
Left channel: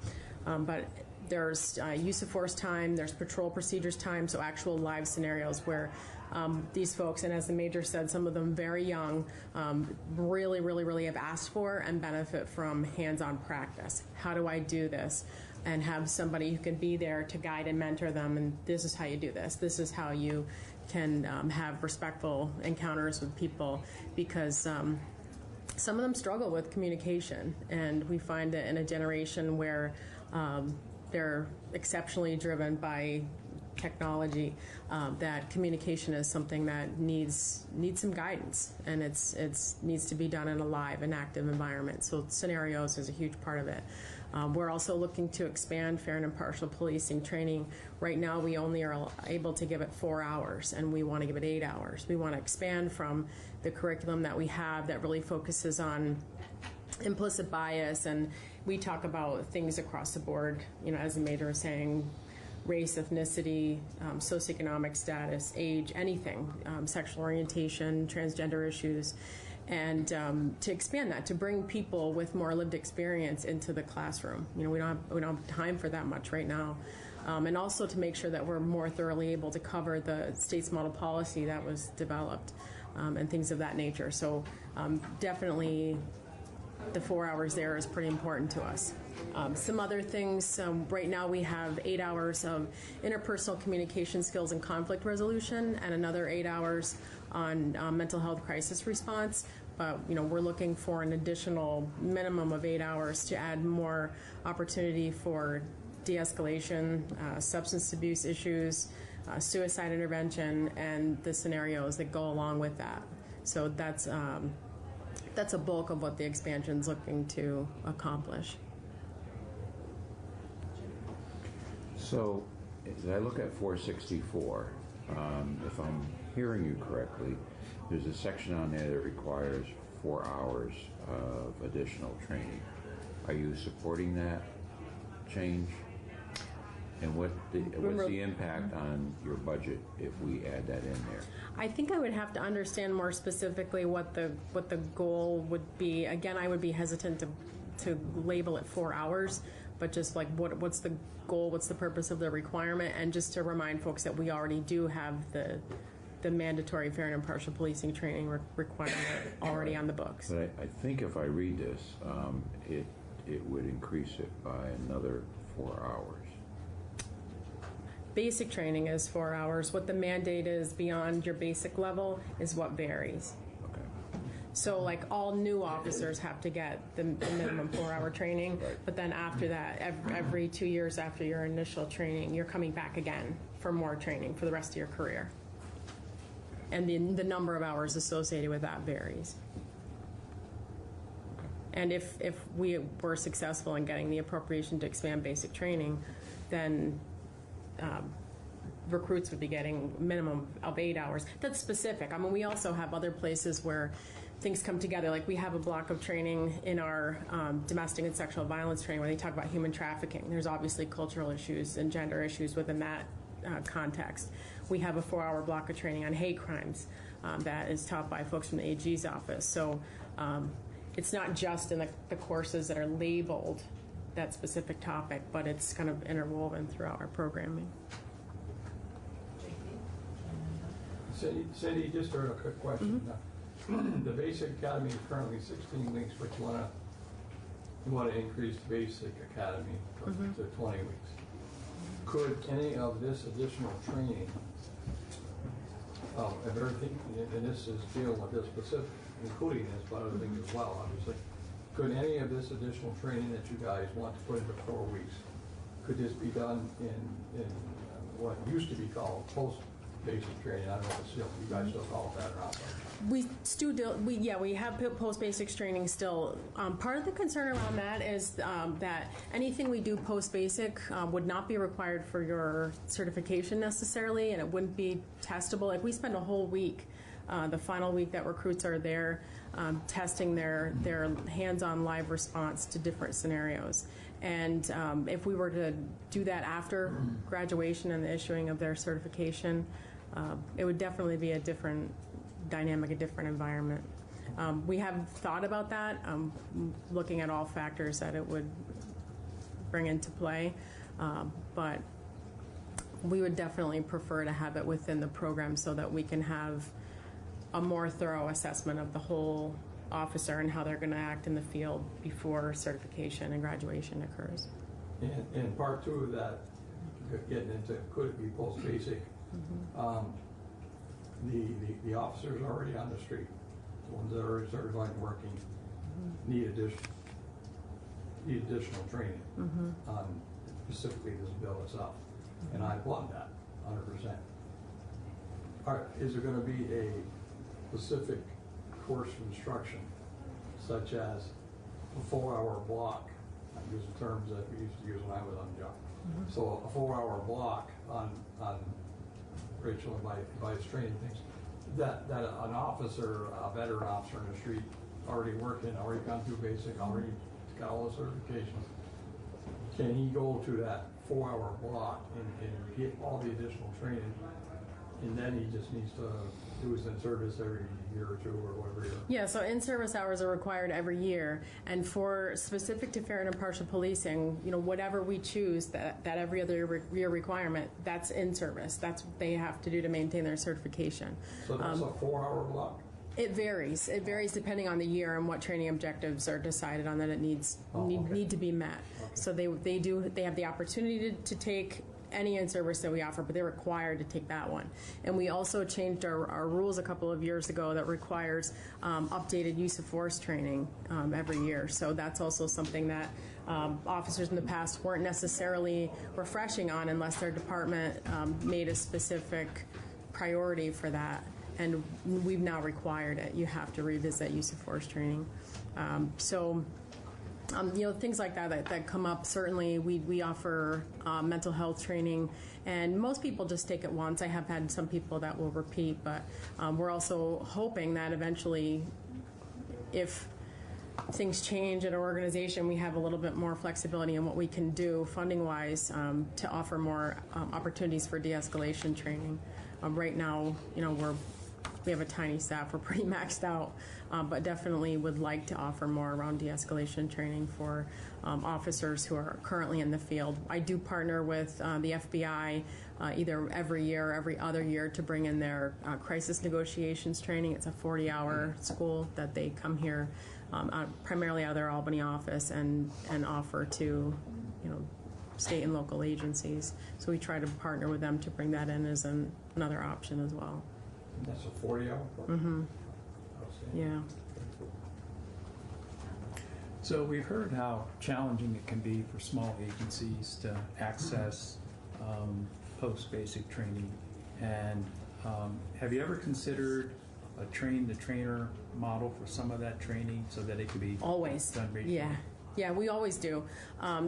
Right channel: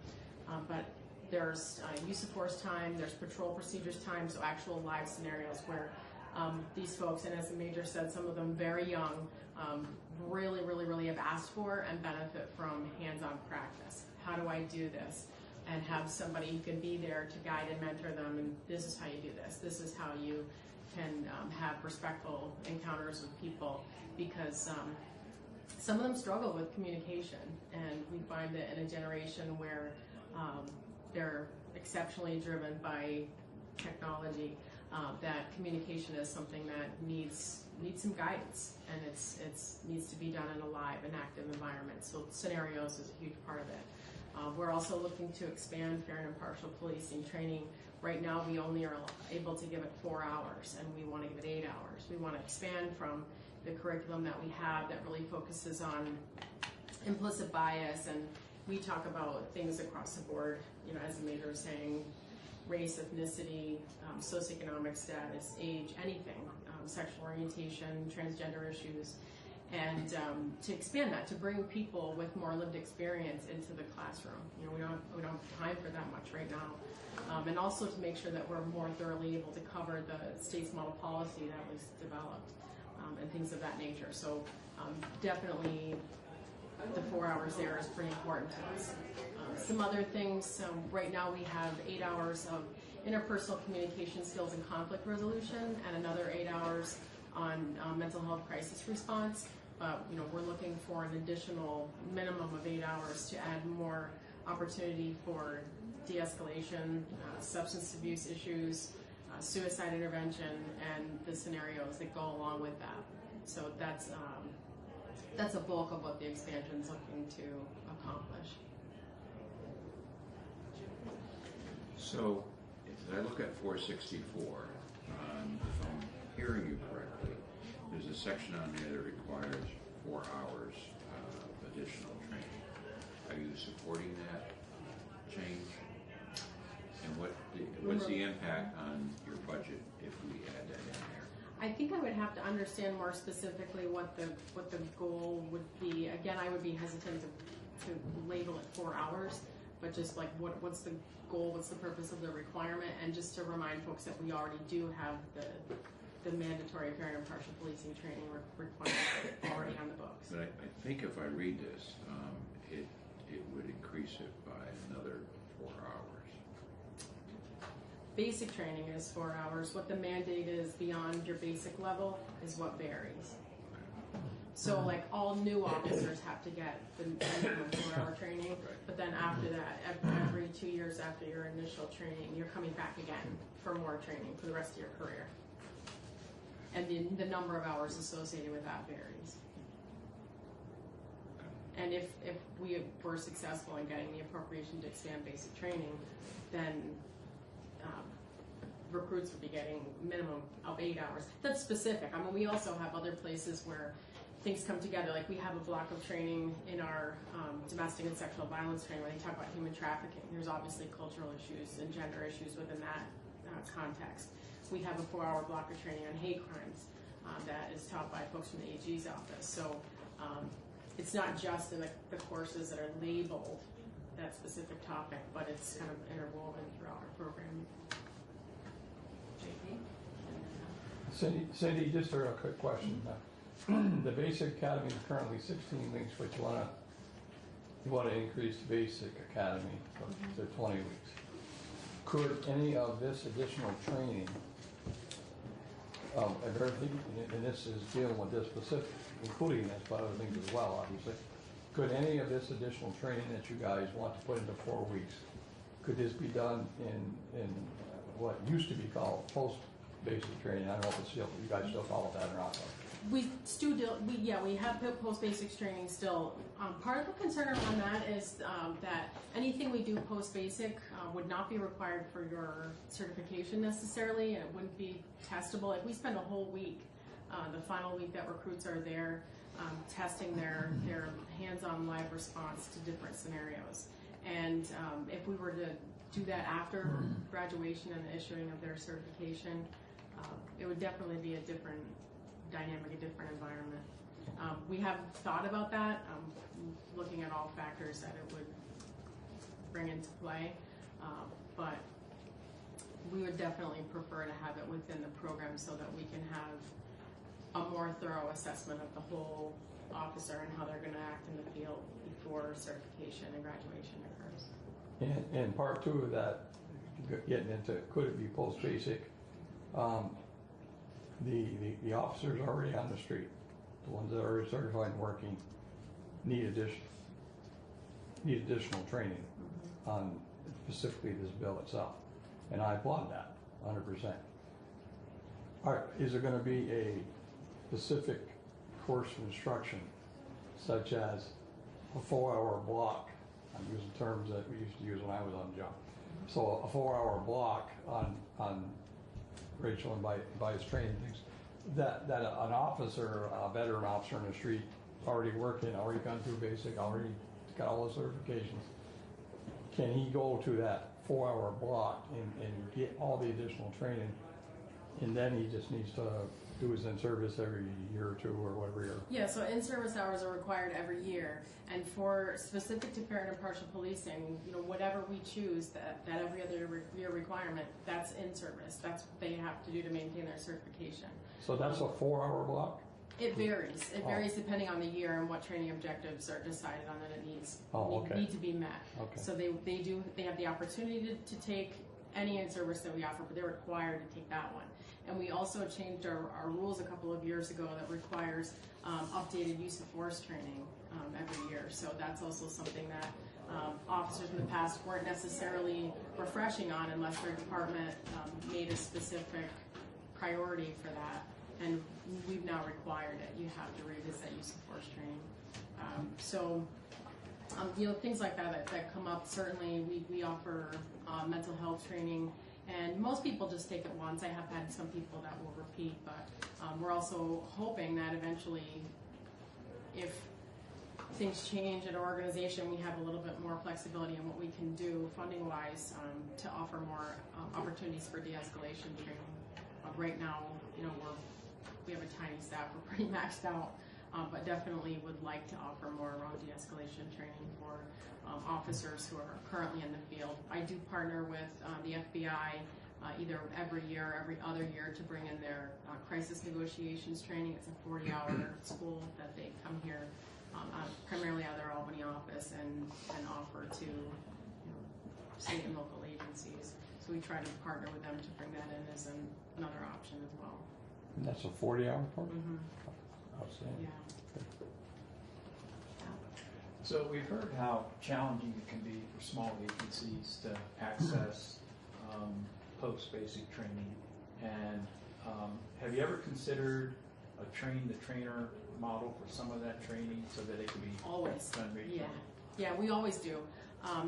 But there's use of force time, there's patrol procedures time, so actual live scenarios where these folks, and as the Major said, some of them very young, really have asked for and benefit from hands-on practice. How do I do this? And have somebody who can be there to guide and mentor them, and this is how you do this. This is how you can have respectful encounters with people, because some of them struggle with communication, and we find that in a generation where they're exceptionally driven by technology, that communication is something that needs some guidance, and it's needs to be done in a live and active environment. So scenarios is a huge part of it. We're also looking to expand fair and impartial policing training. Right now, we only are able to give it 4 hours, and we want to give it 8 hours. We want to expand from the curriculum that we have that really focuses on implicit bias, and we talk about things across the board, you know, as the Major was saying, race, ethnicity, socioeconomic status, age, anything, sexual orientation, transgender issues. And to expand that, to bring people with more lived experience into the classroom. You know, we don't have time for that much right now. And also to make sure that we're more thoroughly able to cover the state's model policy that was developed, and things of that nature. So definitely the 4 hours there is pretty important to us. Some other things, right now we have 8 hours of interpersonal communication skills and conflict resolution, and another 8 hours on mental health crisis response. But you know, we're looking for an additional minimum of 8 hours to add more opportunity for de-escalation, substance abuse issues, suicide intervention, and the scenarios that go along with that. So that's a bulk of what the expansion's looking to accomplish. So, as I look at 464, if I'm hearing you correctly, there's a section on there that requires 4 hours of additional training. Are you supporting that change? And what's the impact on your budget if we add that in there? I think I would have to understand more specifically what the goal would be. Again, I would be hesitant to label it 4 hours, but just like what's the goal, what's the purpose of the requirement, and just to remind folks that we already do have the mandatory fair and impartial policing training requirement already on the books. But I think if I read this, it would increase it by another 4 hours. Basic training is 4 hours. What the mandate is beyond your basic level is what varies. Okay. So like all new officers have to get the minimum 4 hour training, but then after that, every 2 years after your initial training, you're coming back again for more training for the rest of your career. And the number of hours associated with that varies. And if we were successful in getting the appropriation to expand basic training, then recruits would be getting minimum of 8 hours. That's specific. I mean, we also have other places where things come together. Like we have a block of training in our domestic and sexual violence training where they talk about human trafficking. There's obviously cultural issues and gender issues within that context. We have a 4 hour block of training on hate crimes that is taught by folks from the AG's office. So it's not just in the courses that are labeled that specific topic, but it's kind of interwoven throughout our programming. Cindy, just a quick question. The basic academy is currently 16 weeks, but you want to increase the basic academy to 20 weeks. Could any of this additional training, well, everything, and this is dealing with this specific, including this, but other things as well, obviously. Could any of this additional training that you guys want to put into 4 weeks, could this be done in what used to be called basic training, I don't know if it's still, you guys still call it that or not. We still do, we have post-basics training still. Part of the concern around that is that anything we do post-basic would not be required for your certification necessarily, and it wouldn't be testable. Like, we spend a whole week, the final week that recruits are there, testing their hands-on live response to different scenarios. And if we were to do that after graduation and the issuing of their certification, it would definitely be a different dynamic, a different environment. We have thought about that, looking at all factors that it would bring into play, but we would definitely prefer to have it within the program so that we can have a more thorough assessment of the whole officer and how they're going to act in the field before certification and graduation occurs. And part two of that, getting into could it be post-basic, the officers already on the street, the ones that are already certified and working, need additional training on specifically this bill itself. And I applaud that 100%. All right, is there going to be a specific course of instruction, such as a 4-hour block? I use terms that we used to use when I was on the job. So a 4-hour block on Rachel and by his training things, that an officer, a veteran officer in the street, already working, already gone through basic, already got all the certifications, can he go to that 4-hour block and get all the additional training, and then he just needs to do his in-service every year or two or whatever year? Yeah, so in-service hours are required every year, and for specific to fair and impartial policing, whatever we choose, that every other year requirement, that's in-service. That's what they have to do to maintain their certification. So that's a 4-hour block? It varies. It varies depending on the year and what training objectives are decided on that it need to be met. Okay. So they have the opportunity to take any in-service that we offer, but they're required to take that one. And we also changed our rules a couple of years ago that requires updated use of force training every year. So that's also something that officers in the past weren't necessarily refreshing on unless their department made a specific priority for that. And we've now required it. You have to revisit use of force training. Things like that come up. Certainly, we offer mental health training, and most people just take it once. I have had some people that will repeat, but we're also hoping that eventually, if things change at an organization, we have a little bit more flexibility in what we can do funding-wise to offer more opportunities for de-escalation training. Right now, we have a tiny staff. We're pretty maxed out. But definitely would like to offer more around de-escalation training for officers who are currently in the field. I do partner with the FBI either every year or every other year to bring in their crisis negotiations training. It's a 40-hour school that they come here primarily out of their Albany office and offer to state and local agencies. So we try to partner with them to bring that in as another option as well. And that's a 40-hour program? Mm-hmm. Yeah. So we've heard how challenging it can be for small agencies to access post-basic training. And have you ever considered a train-the-trainer model for some of that training so that it can be always done regionally? Yeah, we always do.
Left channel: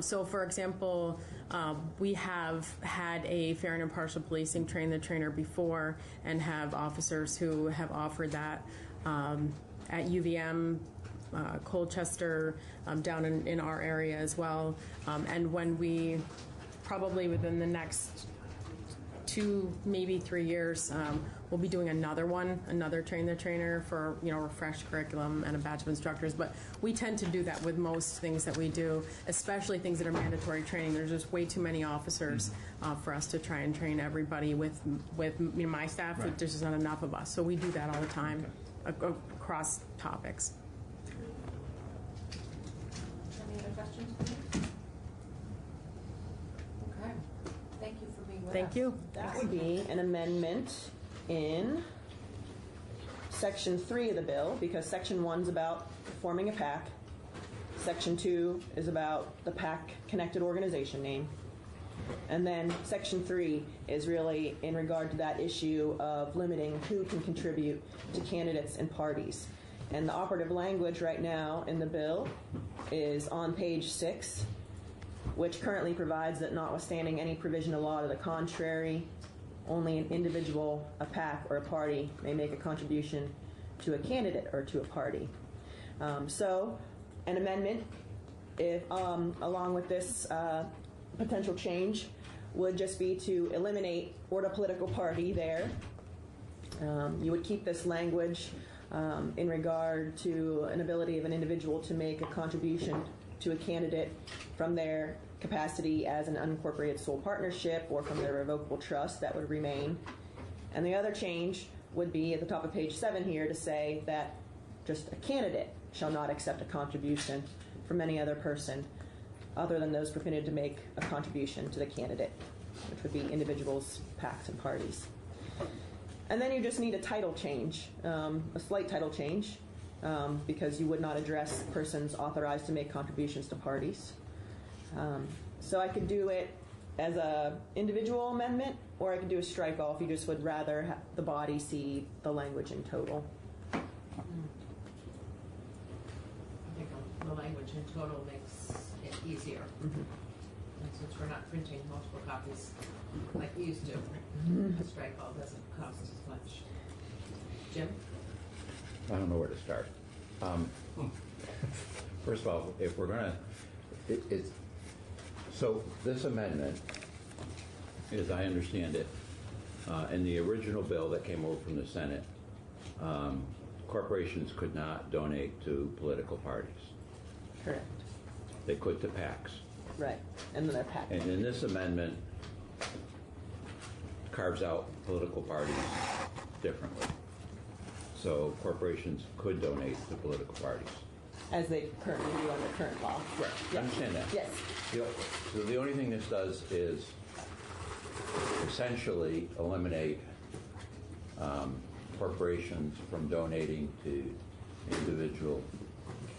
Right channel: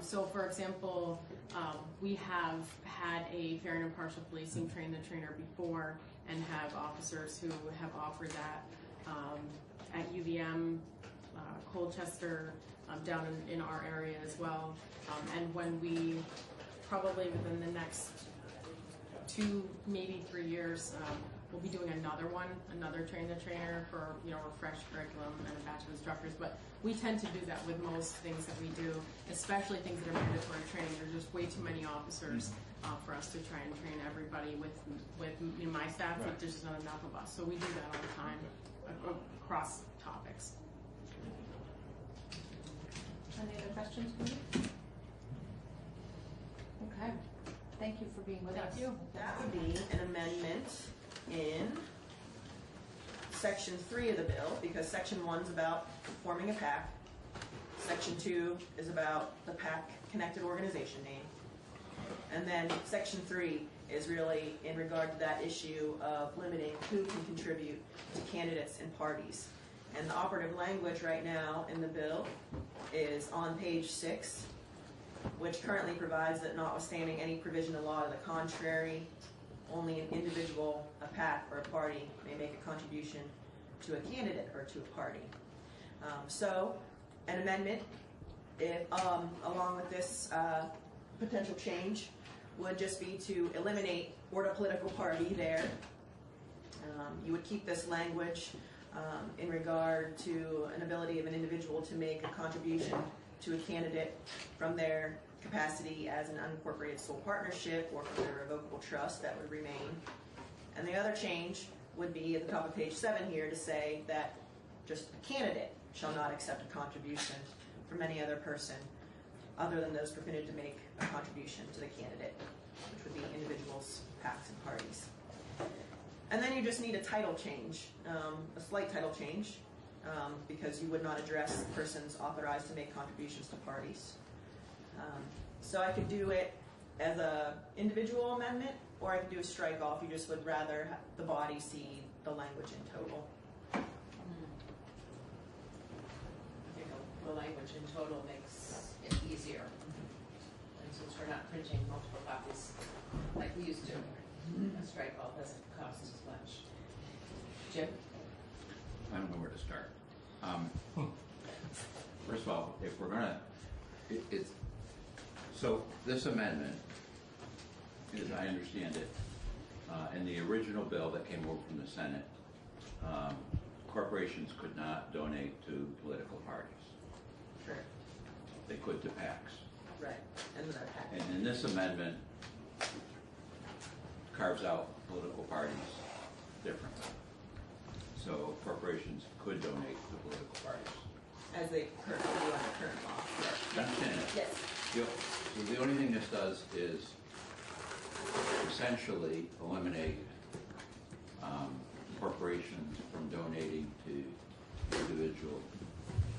So, for example, we have had a fair and impartial policing train-the-trainer before, and have officers who have offered that at UVM, Colchester, down in our area as well. And when we, probably within the next 2, maybe 3 years, we'll be doing another train-the-trainer for, refreshed curriculum and a batch of instructors. But we tend to do that with most things that we do, especially things that are mandatory training. There's just way too many officers for us to try and train everybody with my staff. Right. There's just not enough of us. So we do that all the time across topics. Any other questions for me? Okay, thank you for being with us. Thank you. That would be an amendment in section 3 of the bill, because section 1's about forming a PAC. Section 2 is about the PAC connected organization name. And then section 3 is really in regard to that issue of limiting who can contribute to candidates and parties. And the operative language right now in the bill is on page 6, which currently provides that notwithstanding any provision of law to the contrary, only an individual, a PAC, or a party may make a contribution to a candidate or to a party. So an amendment, if along with this potential change, would just be to eliminate or a political party there. You would keep this language in regard to an ability of an individual to make a contribution to a candidate from their capacity as an unincorporated sole partnership or from their revocable trust. That would remain. And the other change would be at the top of page 7 here to say that just a candidate shall not accept a contribution from any other person other than those permitted to make a contribution to the candidate, which would be individuals, PACs, and parties. And then you just need a title change, a slight title change, because you would not address persons authorized to make contributions to parties. So I could do it as a individual amendment, or I could do a strike off. You just would rather have the body see the language in total. I think the language in total makes it easier. And since we're not printing multiple copies like we used to, a strike all doesn't cost as much. Jim? I don't know where to start. First of all, if we're gonna, so this amendment, as I understand it, in the original bill that came over from the Senate, corporations could not donate to political parties. Correct. They could to PACs. Right, and then they're PAC. And in this amendment, carves out political parties differently. So corporations could donate to political parties. As they currently do under current law. Correct. I understand that. Yes. So the only thing this does is essentially eliminate corporations from donating to individual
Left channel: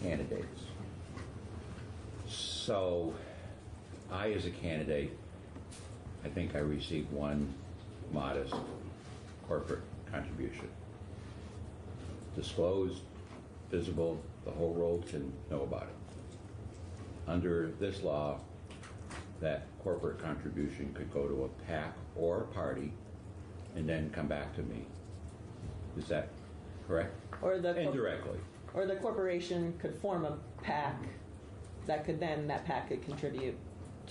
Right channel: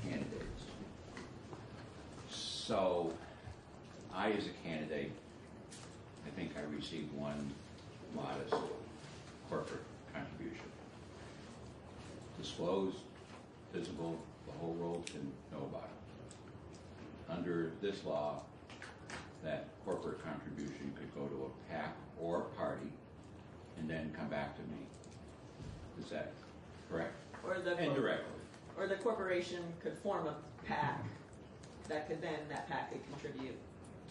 candidates. So I, as a candidate, I think I received one modest corporate contribution. Disclosed, visible, the whole world can know about it. Under this law, that corporate contribution could go to a PAC or a party and then come back to me. Is that correct? Or the indirectly. Or the corporation could form a PAC that PAC could contribute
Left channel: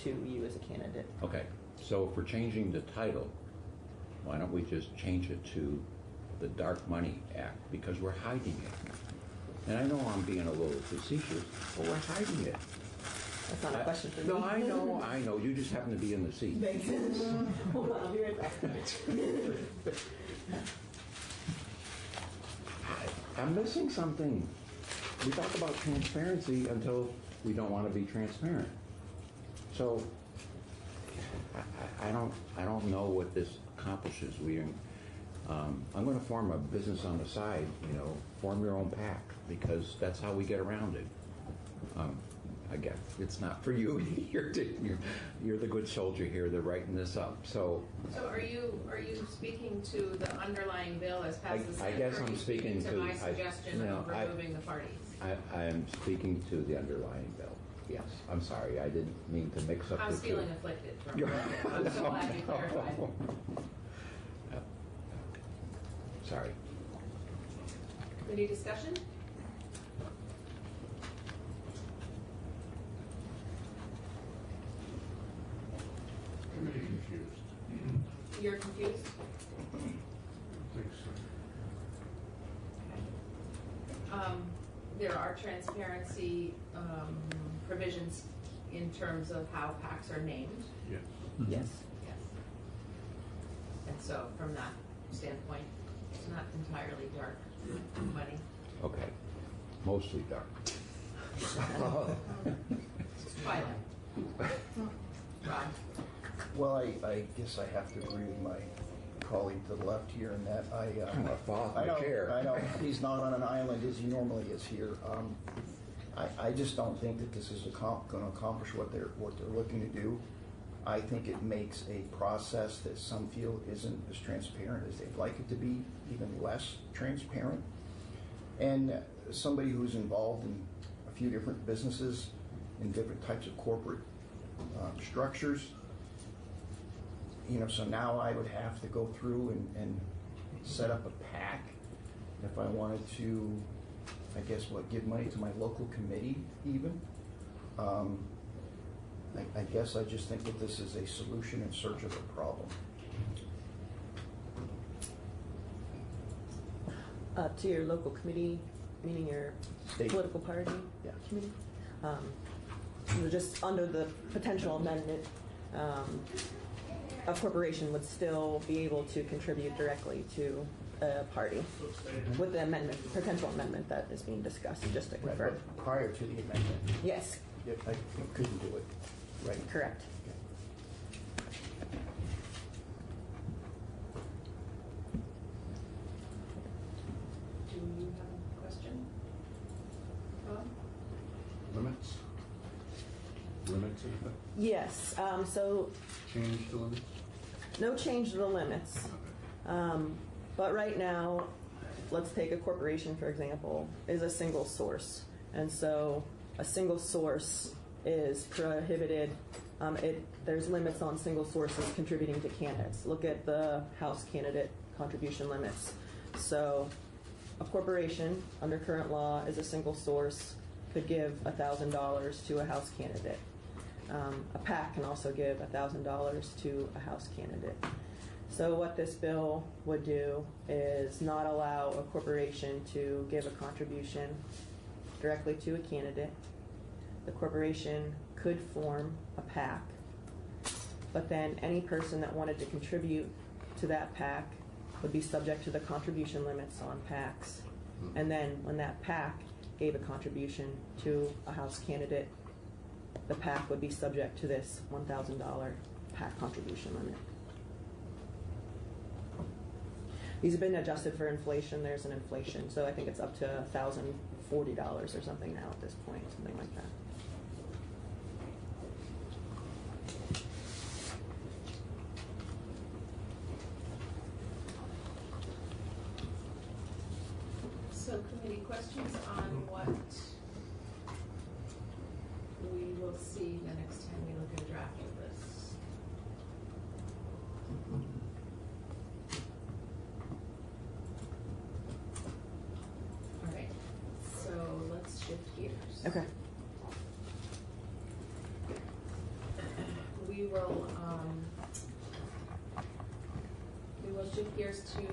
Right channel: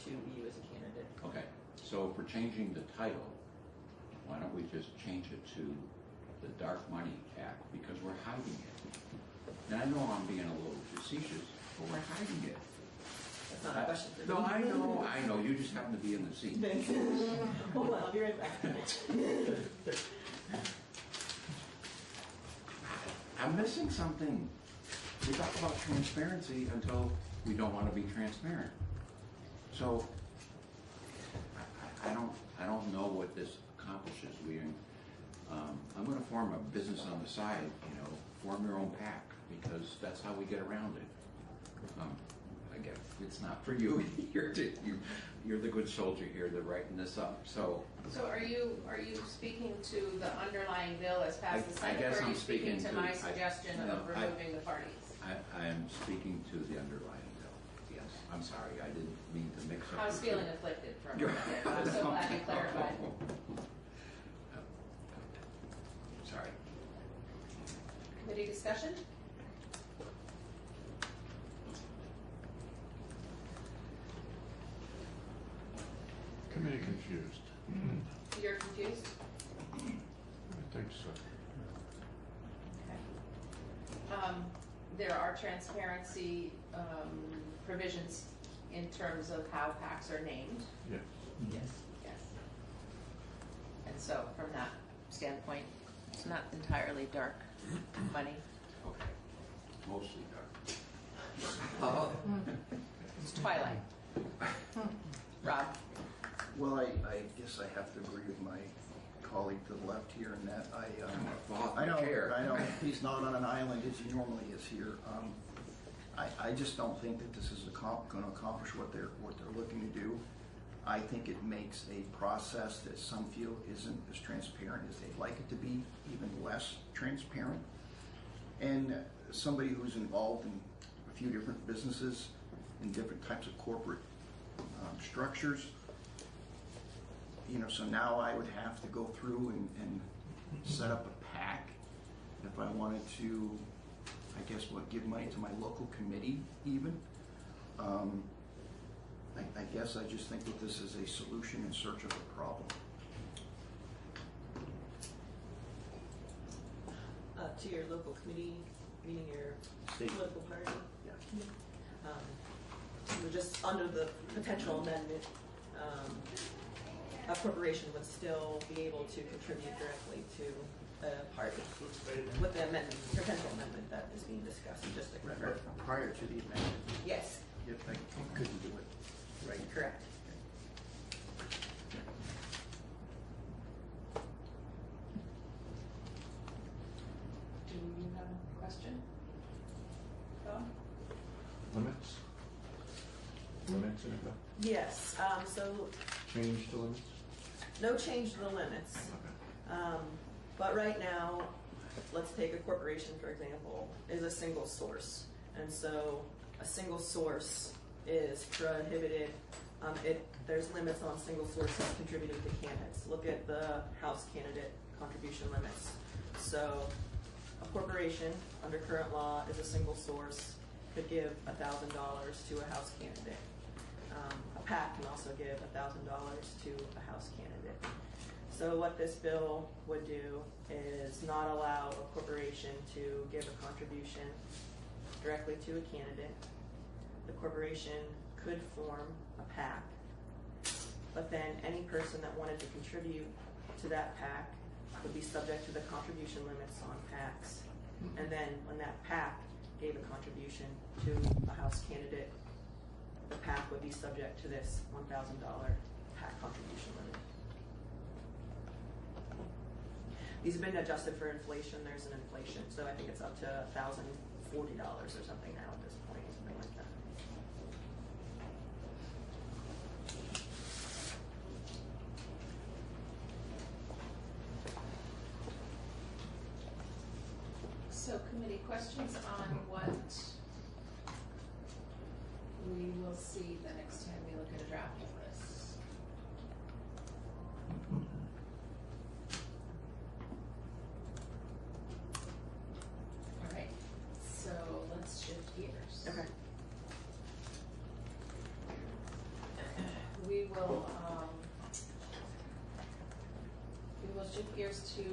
to you as a candidate. Okay, so if we're changing the title, why don't we just change it to the Dark Money Act, because we're hiding it. And I know I'm being a little facetious, but we're hiding it. That's not a question for me. No, I know, you just happen to be in the seat. Thanks. Hold on, I'll be right back. I'm missing something. We talk about transparency until we don't want to be transparent. So, I don't know what this accomplishes. I'm going to form a business on the side, form your own PAC, because that's how we get around it. I guess it's not for you. You're the good soldier here. They're writing this up. So are you speaking to the underlying bill as passed the Senate? I guess or are I'm you speaking to my suggestion of removing the parties? I'm speaking to the underlying bill. Yes. I'm sorry. I didn't mean to mix up. I was feeling afflicted for a moment. I'm so glad you clarified. Sorry. Committee discussion? Committee confused. You're confused? I think so. There are transparency provisions in terms of how PACs are named. Yes. Yes. Yes. And so from that standpoint, it's not entirely dark money. Okay. Mostly dark. It's twilight. Rob? Well, I guess I have to agree with my colleague to the left here in that I know he's not on an island as he normally is here. I just don't think that this is going to accomplish what they're looking to do. I think it makes a process that some feel isn't as transparent as they'd like it to be, even less transparent. And somebody who's involved in a few different businesses in different types of corporate structures, so now I would have to go through and set up a PAC if I wanted to, I guess, give money to my local committee even. I guess I just think that this is a solution in search of a problem. To your local committee, meaning your State political party committee, just under the potential amendment, a corporation would still be able to contribute directly to a party with the amendment, potential amendment that is being discussed, just to confirm. Right, prior to the amendment. Yes. Yep, I couldn't do it. Right. Correct. Do you have a question? Noah? Limits? Limits in effect? Yes, so Change the limits? no change to the limits. But right now, let's take a corporation, for example, is a single source. And so a single source is prohibited. There's limits on single sources contributing to candidates. Look at the House candidate contribution limits. So a corporation, under current law, is a single source, could give $1,000 to a House candidate. A PAC can also give $1,000 to a House candidate. So what this bill would do is not allow a corporation to give a contribution directly to a candidate. The corporation could form a PAC, but then any person that wanted to contribute to that PAC would be subject to the contribution limits on PACs. And then when that PAC gave a contribution to a House candidate, the PAC would be subject to this $1,000 PAC contribution limit. These have been adjusted for inflation. There's an inflation, so I think it's up to $1,040 or something now at this point, something like that. So committee questions on what we will see the next time we look at a draft of this? All right, so let's shift gears. Okay. We will shift gears to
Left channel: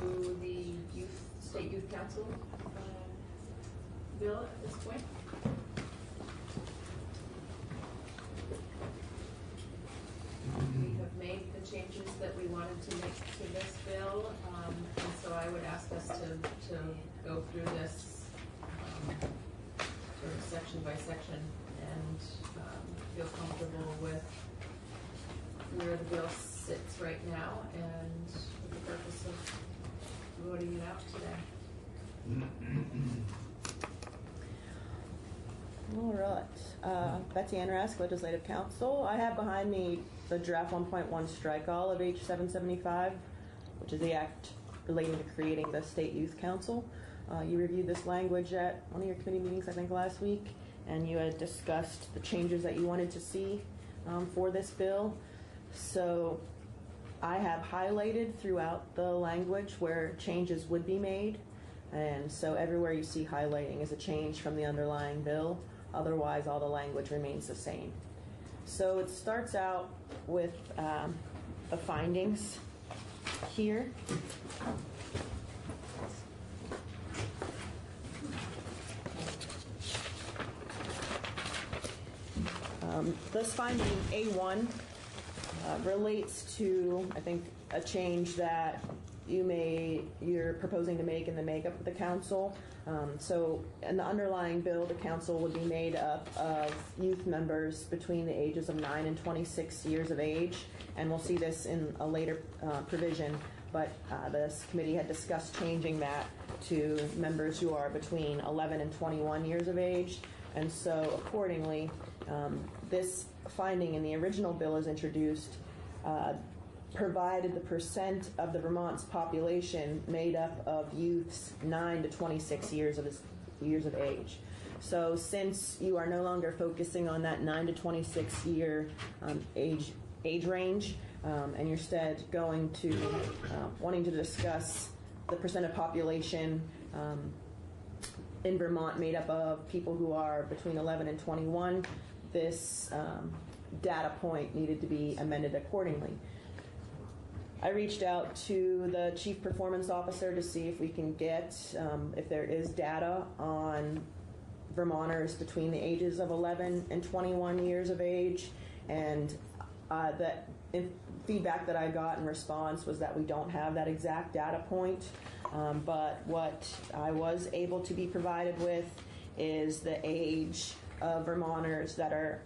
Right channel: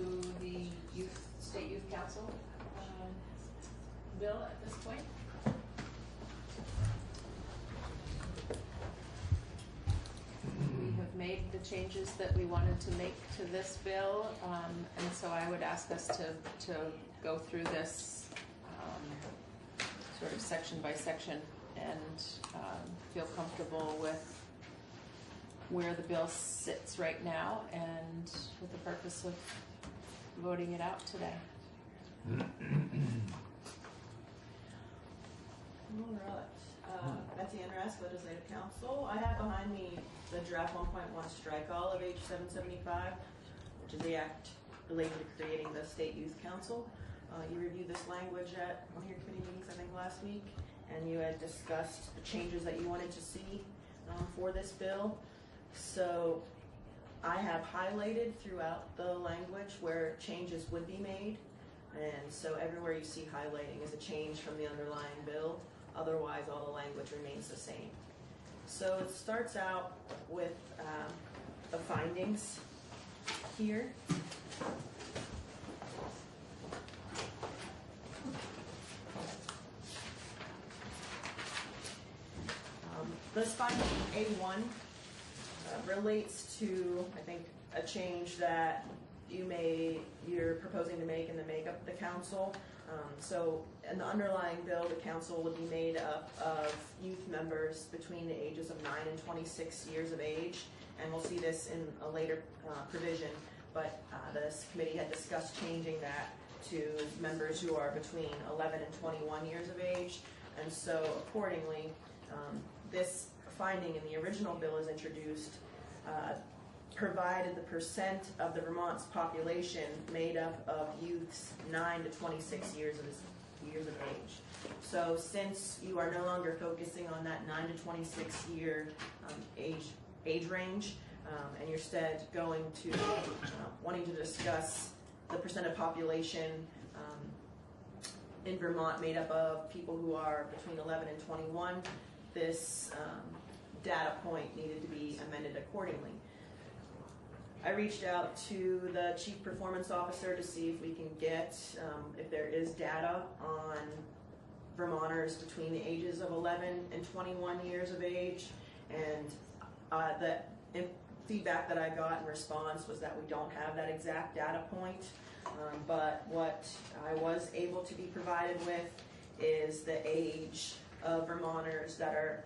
the State Youth Council bill at this point. We have made the changes that we wanted to make to this bill, and so I would ask us to go through this sort of section by section and feel comfortable with where the bill sits right now and with the purpose of voting it out today. All right. Betsy Ann Rask, Legislative Council. I have behind me the draft 1.1 strike all of H 775, which is the act relating to creating the State Youth Council. You reviewed this language at one of your committee meetings, I think, last week, and you had discussed the changes that you wanted to see for this bill. So I have highlighted throughout the language where changes would be made. And so everywhere you see highlighting is a change from the underlying bill. Otherwise, all the language remains the same. So it starts out with the findings here. This finding A1 relates to, I think, a change that you're proposing to make in the makeup of the council. So in the underlying bill, the council would be made up of youth members between the ages of 9 and 26 years of age, and we'll see this in a later provision, but this committee had discussed changing that to members who are between 11 and 21 years of age. And so accordingly, this finding in the original bill is introduced, provided the percent of the Vermont's population made up of youths 9 to 26 years of age. So since you are no longer focusing on that 9 to 26 year age range, and you're instead going to wanting to discuss the percent of population in Vermont made up of people who are between 11 and 21, this data point needed to be amended accordingly. I reached out to the Chief Performance Officer to see if we can get, if there is data on Vermonters between the ages of 11 and 21 years of age, and feedback that I got in response was that we don't have that exact data point, but what I was able to be provided with is the age of Vermonters that are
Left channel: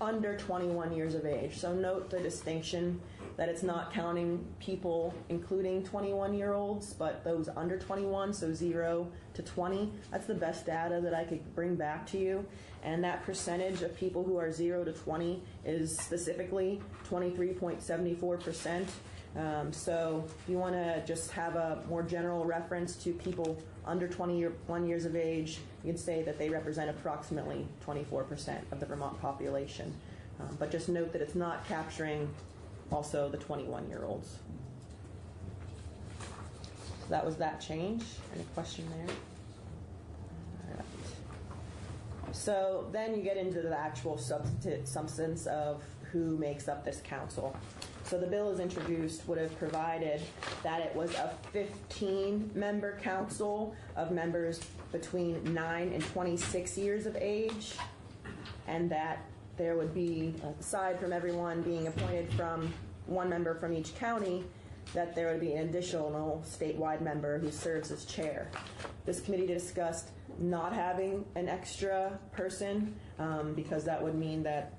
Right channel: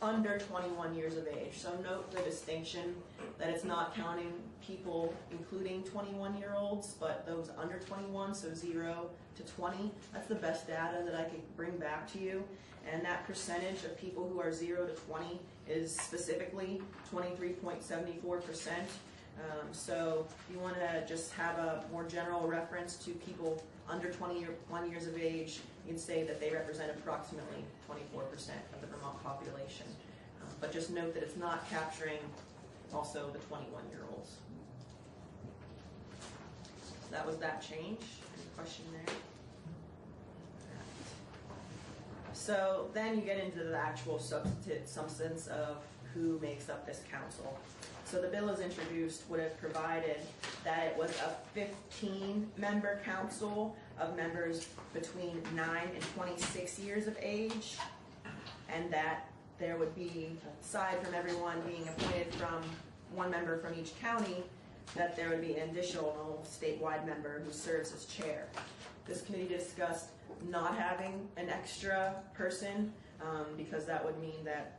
under 21 years of age. So note the distinction that it's not counting people including 21-year-olds, but those under 21, so 0 to 20. That's the best data that I could bring back to you. And that percentage of people who are 0 to 20 is specifically 23.74%. So if you want to just have a more general reference to people under 21 years of age, you can say that they represent approximately 24% of the Vermont population. But just note that it's not capturing also the 21-year-olds. So that was that change. Any question there? All right. So then you get into the actual substance of who makes up this council. So the bill is introduced would have provided that it was a 15-member council of members between 9 and 26 years of age, and that there would be, aside from everyone being appointed from one member from each county, that there would be an additional statewide member who serves as chair. This committee discussed not having an extra person because that would mean that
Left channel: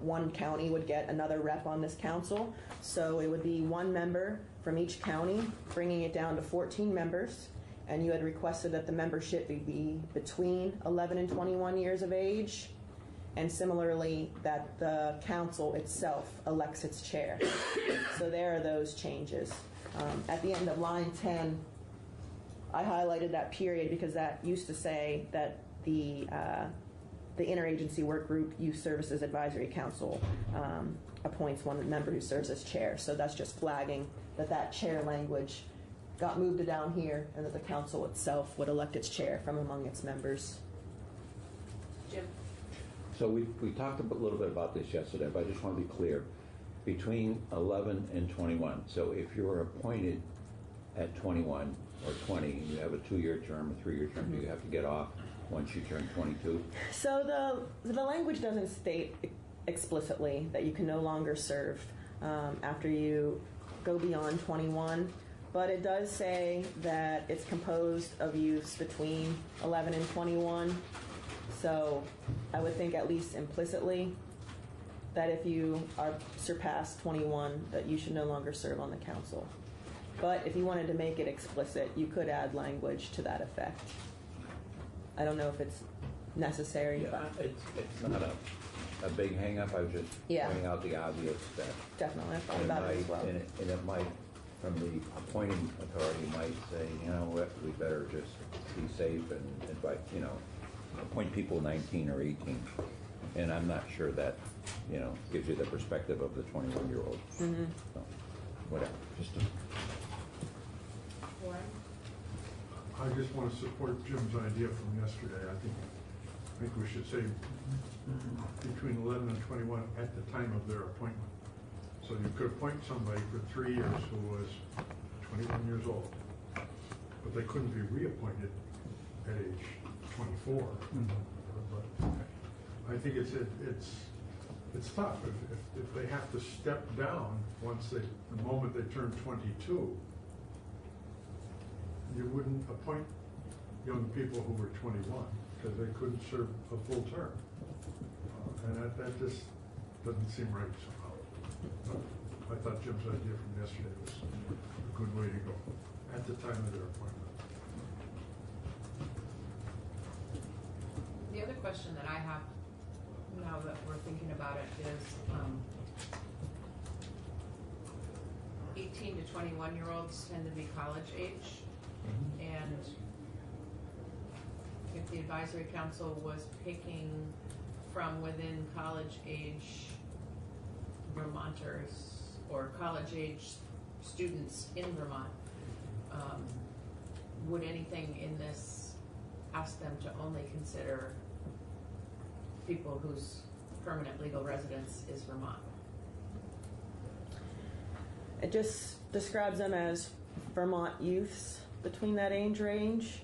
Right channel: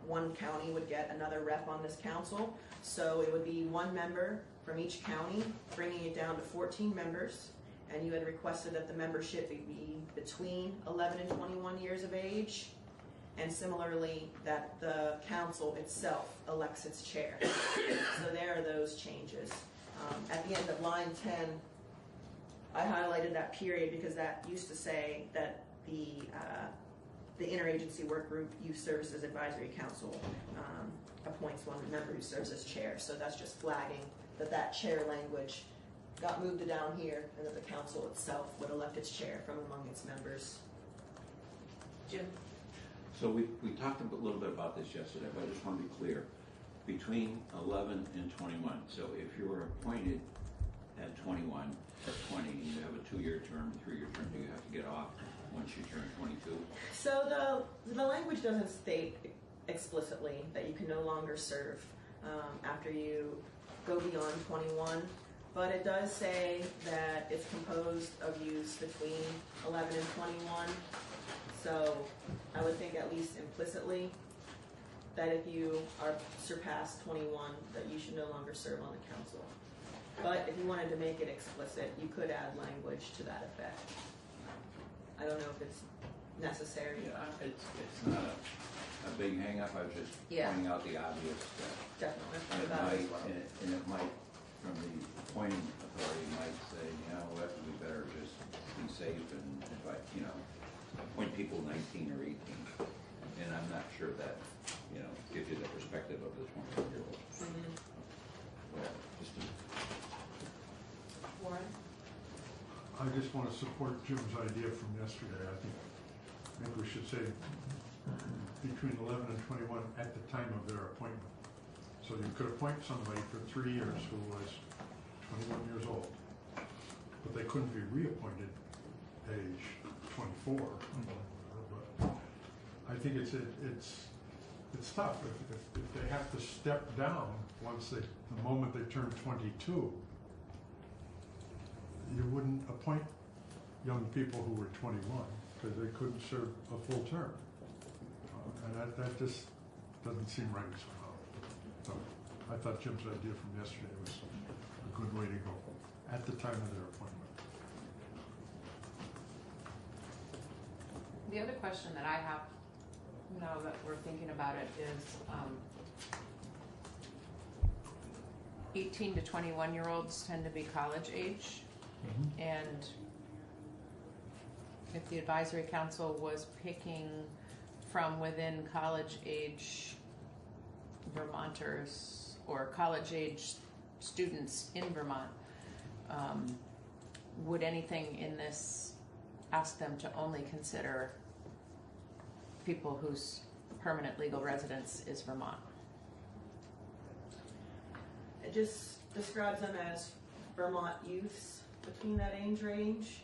one county would get another rep on this council. So it would be one member from each county, bringing it down to 14 members. And you had requested that the membership be between 11 and 21 years of age. And similarly, that the council itself elects its chair. So there are those changes. At the end of line 10, I highlighted that period because that used to say that the Interagency Work Group Youth Services Advisory Council appoints one member who serves as chair. So that's just flagging that chair language got moved down here, and that the council itself would elect its chair from among its members. Jim? So we talked a little bit about this yesterday, but I just want to be clear. Between 11 and 21, so if you were appointed at 21 or 20, you have a 2-year term, a 3-year term, do you have to get off once you turn 22? So the language doesn't state explicitly that you can no longer serve after you go beyond 21, but it does say that it's composed of youths between 11 and 21. So I would think at least implicitly that if you are surpassed 21, that you should no longer serve on the council. But if you wanted to make it explicit, you could add language to that effect. I don't know if it's necessary. Yeah, but it's not a big hang-up. I was just pointing out the obvious that definitely, I thought and about it as well. And it might, from the appointing authority, might say, you know what, we better just be safe and invite, appoint people 19 or 18. And I'm not sure that, gives you the perspective of the 21-year-old. Mm-hmm. So, whatever. Just to I just want to support Jim's idea from yesterday. I think we should say between 11 and 21 at the time of their appointment. So you could appoint somebody for 3 years who was 21 years old, but they couldn't be reappointed at age 24. But I think it's tough. If they have to step down the moment they turn 22, you wouldn't appoint young people who were 21 because they couldn't serve a full term. And that just doesn't seem right somehow. But I thought Jim's idea from yesterday was a good way to go at the time of their appointment. The other question that I have now that we're thinking about it is 18 to 21-year-olds tend to be college age, and if the advisory council was picking from within college age Vermonters or college age students in Vermont, would anything in this ask them to only consider people whose permanent legal residence is Vermont? It just describes them as Vermont youths between that age range.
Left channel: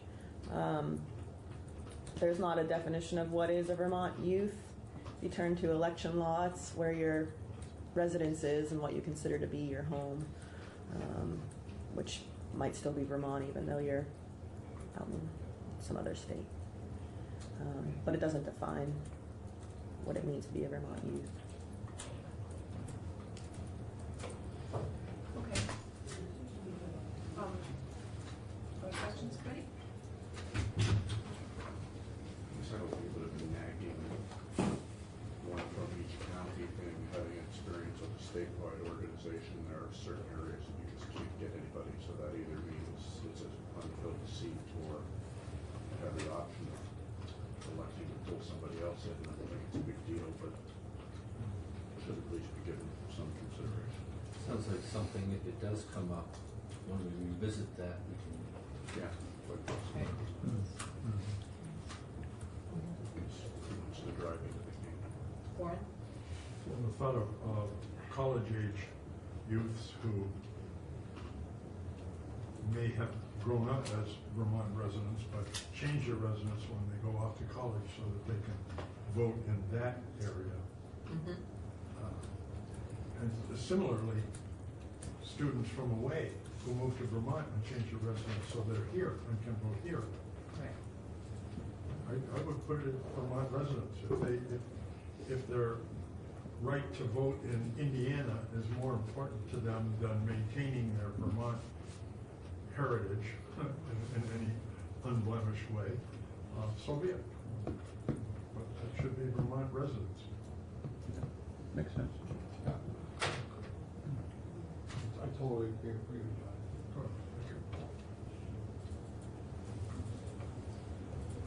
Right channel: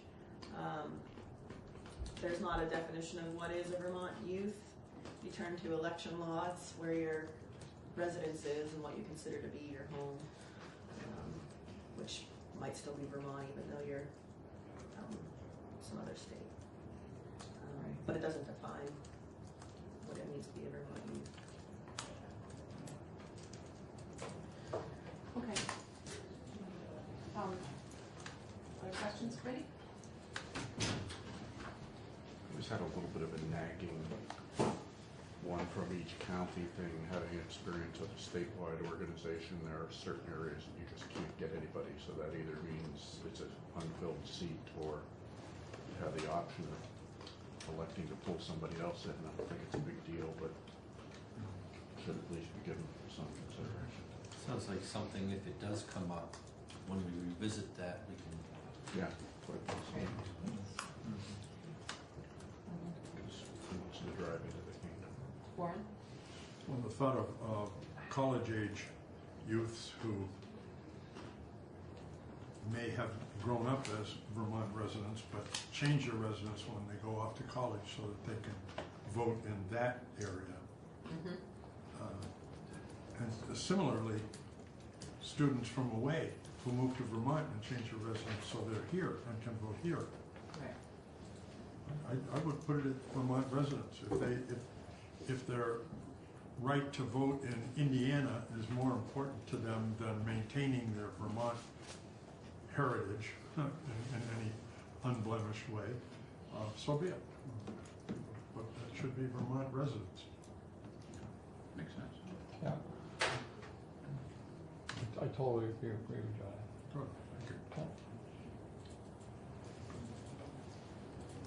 There's not a definition of what is a Vermont youth. If you turn to election law, it's where your residence is and what you consider to be your home, which might still be Vermont even though you're some other state. But it doesn't define what it means to be a Vermont youth. Okay. Any questions, Betty? Just had a little bit of a nagging one from each county thing, having experience with a statewide organization. There are certain areas that you just can't get anybody, so that either means it's an unfilled seat or you have the option of electing to pull somebody else in. I don't think it's a big deal, but should at least be given some consideration. Sounds like something, if it does come up, when we revisit that, we can. Yeah. Warren? Well, the thought of college age youths who may have grown up as Vermont residents but change their residence when they go off to college so that they can vote in that area. And similarly, students from away who move to Vermont and change their residence so they're here and can vote here. Right. I would put it at Vermont residents. If their right to vote in Indiana is more important to them than maintaining their Vermont heritage in any unblemished way, so be it. But that should be Vermont residents. Makes sense. Yeah. I totally agree with John.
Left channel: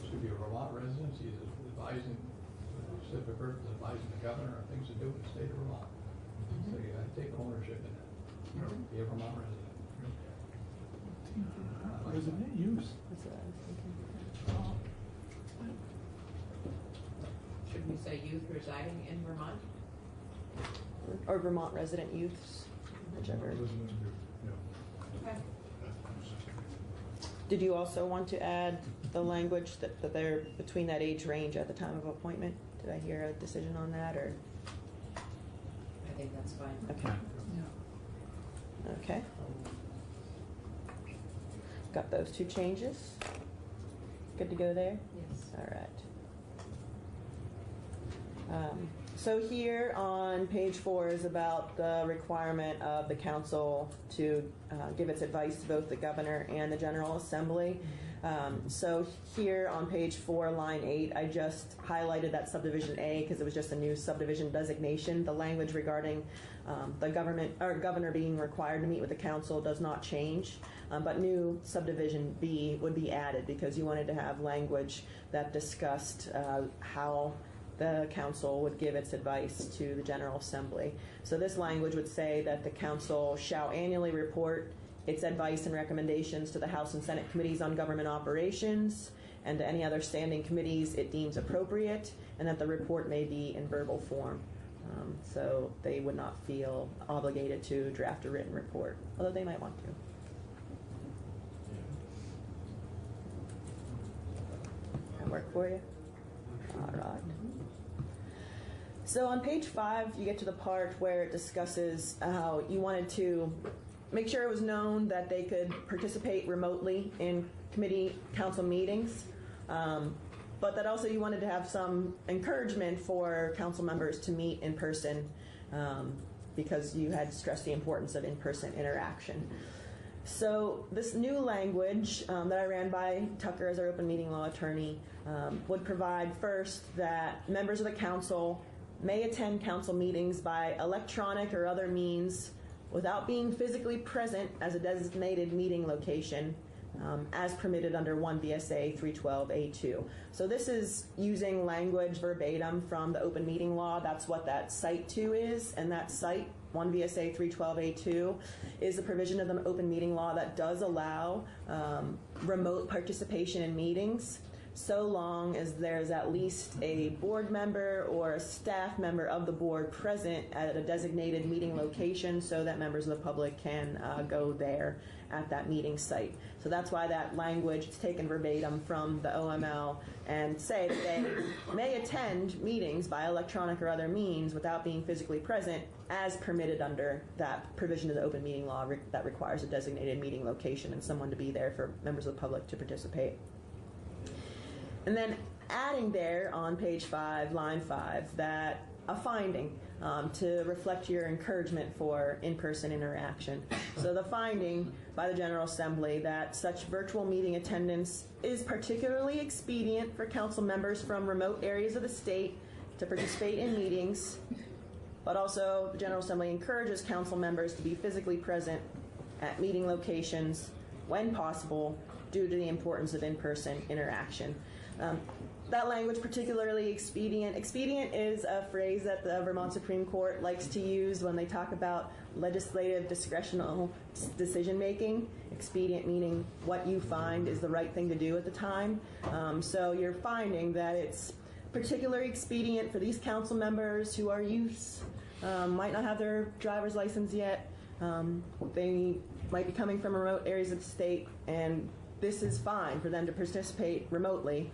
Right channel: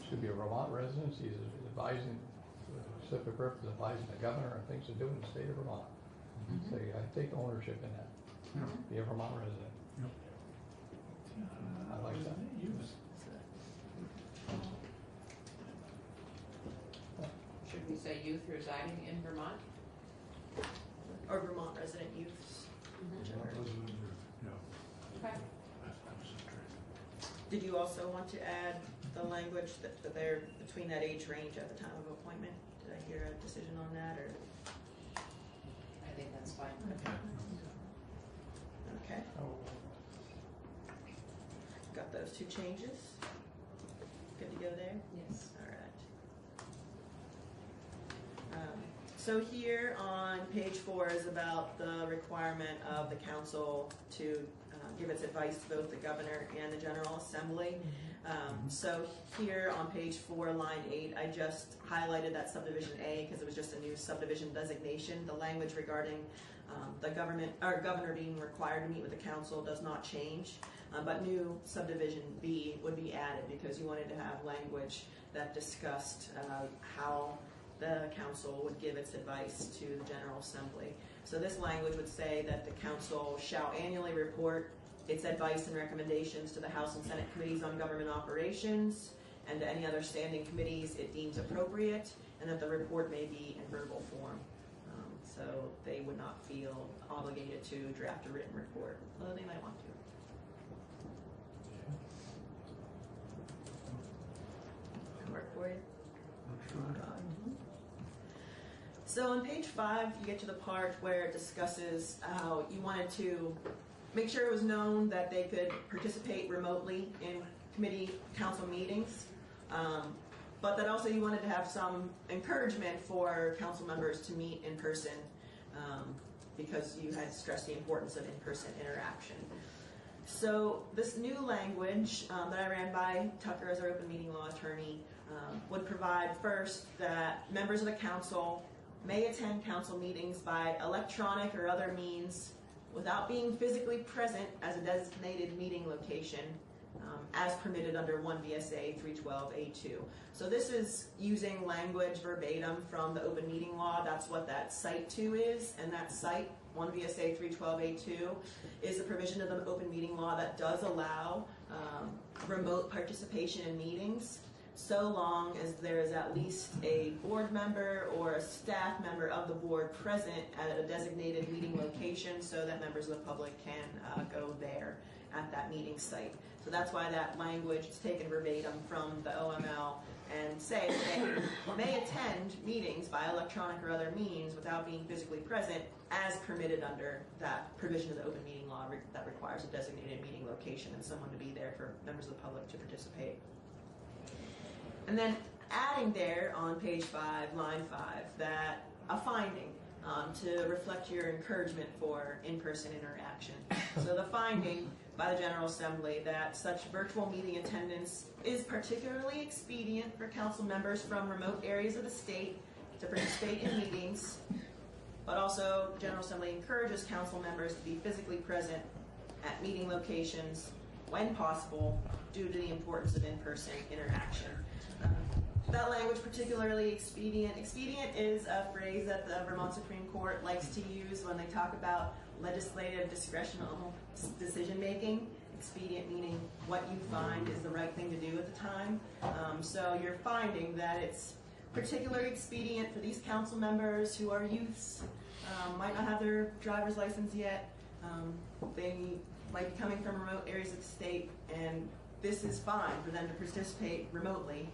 Should be a Vermont residence, he's advising, specific purpose, advising the governor on things to do with the state of Vermont. So you gotta take ownership in that, be a Vermont resident. I like that. Should we say youth residing in Vermont? Or Vermont resident youths, whichever. Resident youth, yeah. Okay. Did you also want to add the language that they're between that age range at the time of appointment? Did I hear a decision on that, or? I think that's fine. Okay. Okay. Got those two changes? Good to go there? Yes. All right. So here on page 4 is about the requirement of the council to give its advice to both the governor and the General Assembly. So here on page 4, line 8, I just highlighted that subdivision A because it was just a new subdivision designation. The language regarding the governor being required to meet with the council does not change, but new subdivision B would be added because you wanted to have language that discussed how the council would give its advice to the General Assembly. So this language would say that the council shall annually report its advice and recommendations to the House and Senate Committees on Government Operations and to any other standing committees it deems appropriate, and that the report may be in verbal form. So they would not feel obligated to draft a written report, although they might want to. That work for you? All right. So on page 5, you get to the part where it discusses how you wanted to make sure it was known that they could participate remotely in committee council meetings, but that also you wanted to have some encouragement for council members to meet in person because you had stressed the importance of in-person interaction. So this new language that I ran by Tucker as our open meeting law attorney would provide first that members of the council may attend council meetings by electronic or other means without being physically present as a designated meeting location, as permitted under 1 VSA 312A2. So this is using language verbatim from the open meeting law. That's what that Site 2 is, and that Site 1 VSA 312A2 is a provision of the open meeting law that does allow remote participation in meetings, so long as there is at least a board member or a staff member of the board present at a designated meeting location, so that members of the public can go there at that meeting site. So that's why that language is taken verbatim from the OML and say they may attend meetings by electronic or other means without being physically present, as permitted under that provision of the open meeting law that requires a designated meeting location and someone to be there for members of the public to participate. And then adding there on page 5, line 5, that a finding to reflect your encouragement for in-person interaction. So the finding by the General Assembly that such virtual meeting attendance is particularly expedient for council members from remote areas of the state to participate in meetings, but also the General Assembly encourages council members to be physically present at meeting locations when possible due to the importance of in-person interaction. That language, particularly expedient. Expedient is a phrase that the Vermont Supreme Court likes to use when they talk about legislative discretional decision making. Expedient meaning what you find is the right thing to do at the time. So you're finding that it's particularly expedient for these council members who are youths, might not have their driver's license yet, they might be coming from remote areas of the state, and this is fine for them to participate remotely,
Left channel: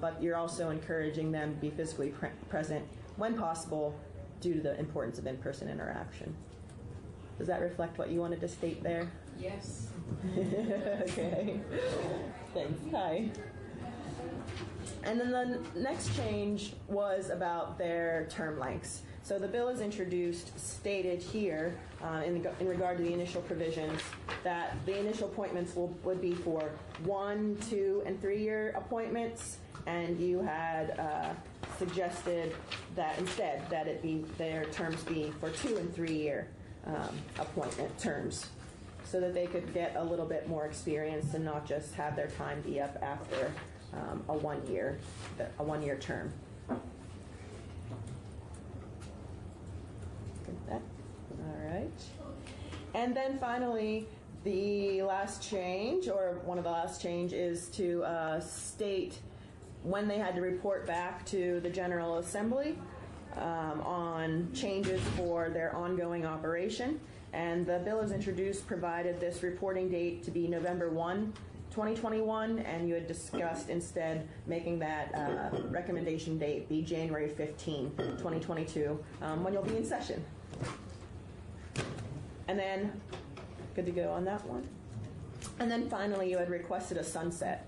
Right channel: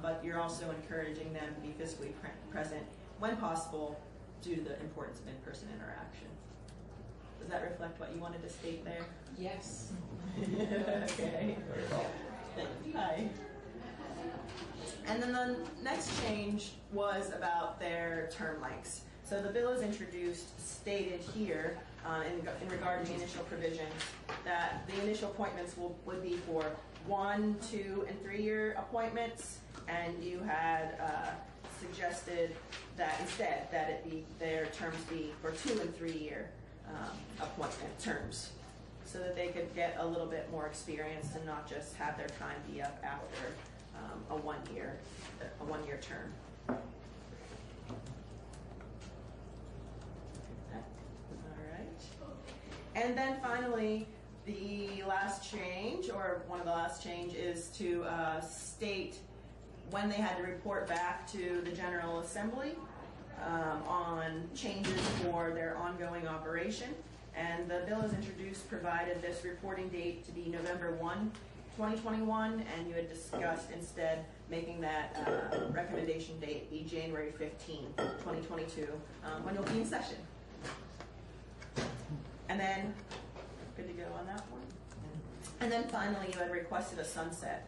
but you're also encouraging them to be physically present when possible due to the importance of in-person interaction. Does that reflect what you wanted to state there? Yes. Okay. Thanks. Hi. And then the next change was about their term lengths. So the bill is introduced, stated here in regard to the initial provisions, that the initial appointments would be for 1, 2, and 3-year appointments, and you had suggested that instead that it be their terms be for 2 and 3-year appointment terms, so that they could get a little bit more experience and not just have their time be up after a 1-year term. All right. And then finally, the last change, or one of the last change, is to state when they had to report back to the General Assembly on changes for their ongoing operation. And the bill is introduced provided this reporting date to be November 1, 2021, and you had discussed instead making that recommendation date be January 15, 2022, when you'll be in session. And then, good to go on that one. And then finally, you had requested a sunset,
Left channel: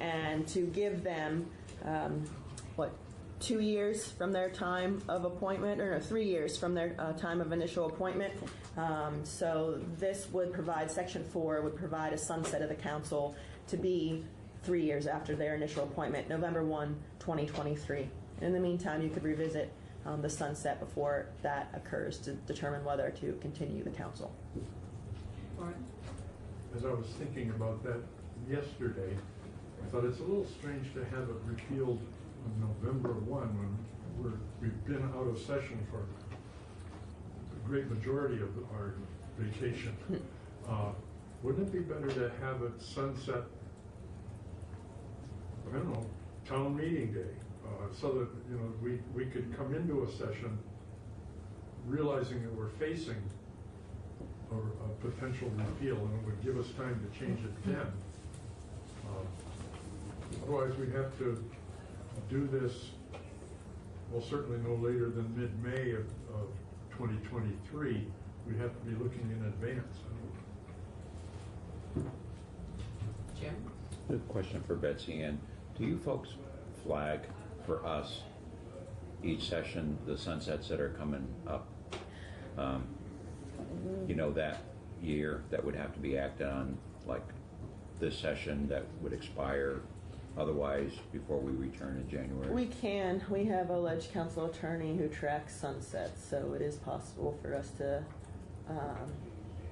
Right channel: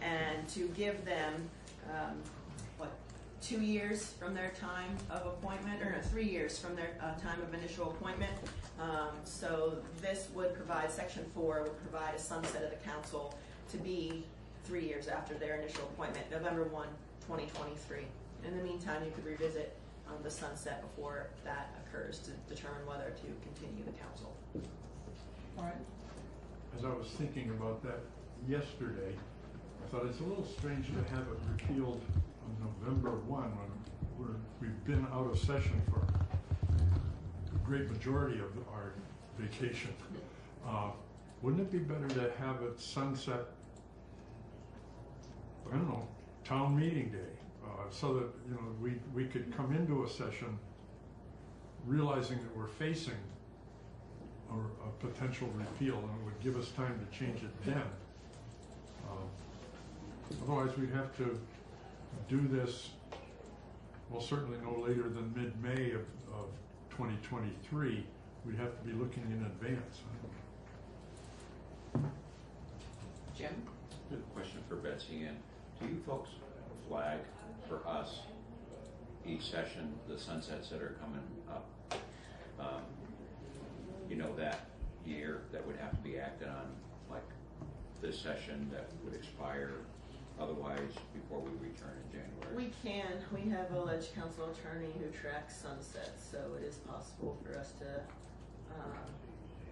and to give them, 2 years from their time of appointment, or no, 3 years from their time of initial appointment. So this would provide, Section 4 would provide a sunset of the council to be 3 years after their initial appointment, November 1, 2023. In the meantime, you could revisit the sunset before that occurs to determine whether to continue the council. All right. As I was thinking about that yesterday, I thought it's a little strange to have it repealed on November 1 when we've been out of session for a great majority of our vacation. Wouldn't it be better to have it sunset, I don't know, town meeting day? So that, you know, we could come into a session realizing that we're facing a potential repeal, and it would give us time to change it then. Otherwise, we'd have to do this, well, certainly no later than mid-May of 2023. We'd have to be looking in advance. Jim? I have a question for Betsy Ann. Do you folks flag for us each session the sunsets that are coming up? You know, that year that would have to be acted on, like this session that would expire otherwise before we return in January? We can. We have a ledge council attorney who tracks sunsets, so it is possible for us to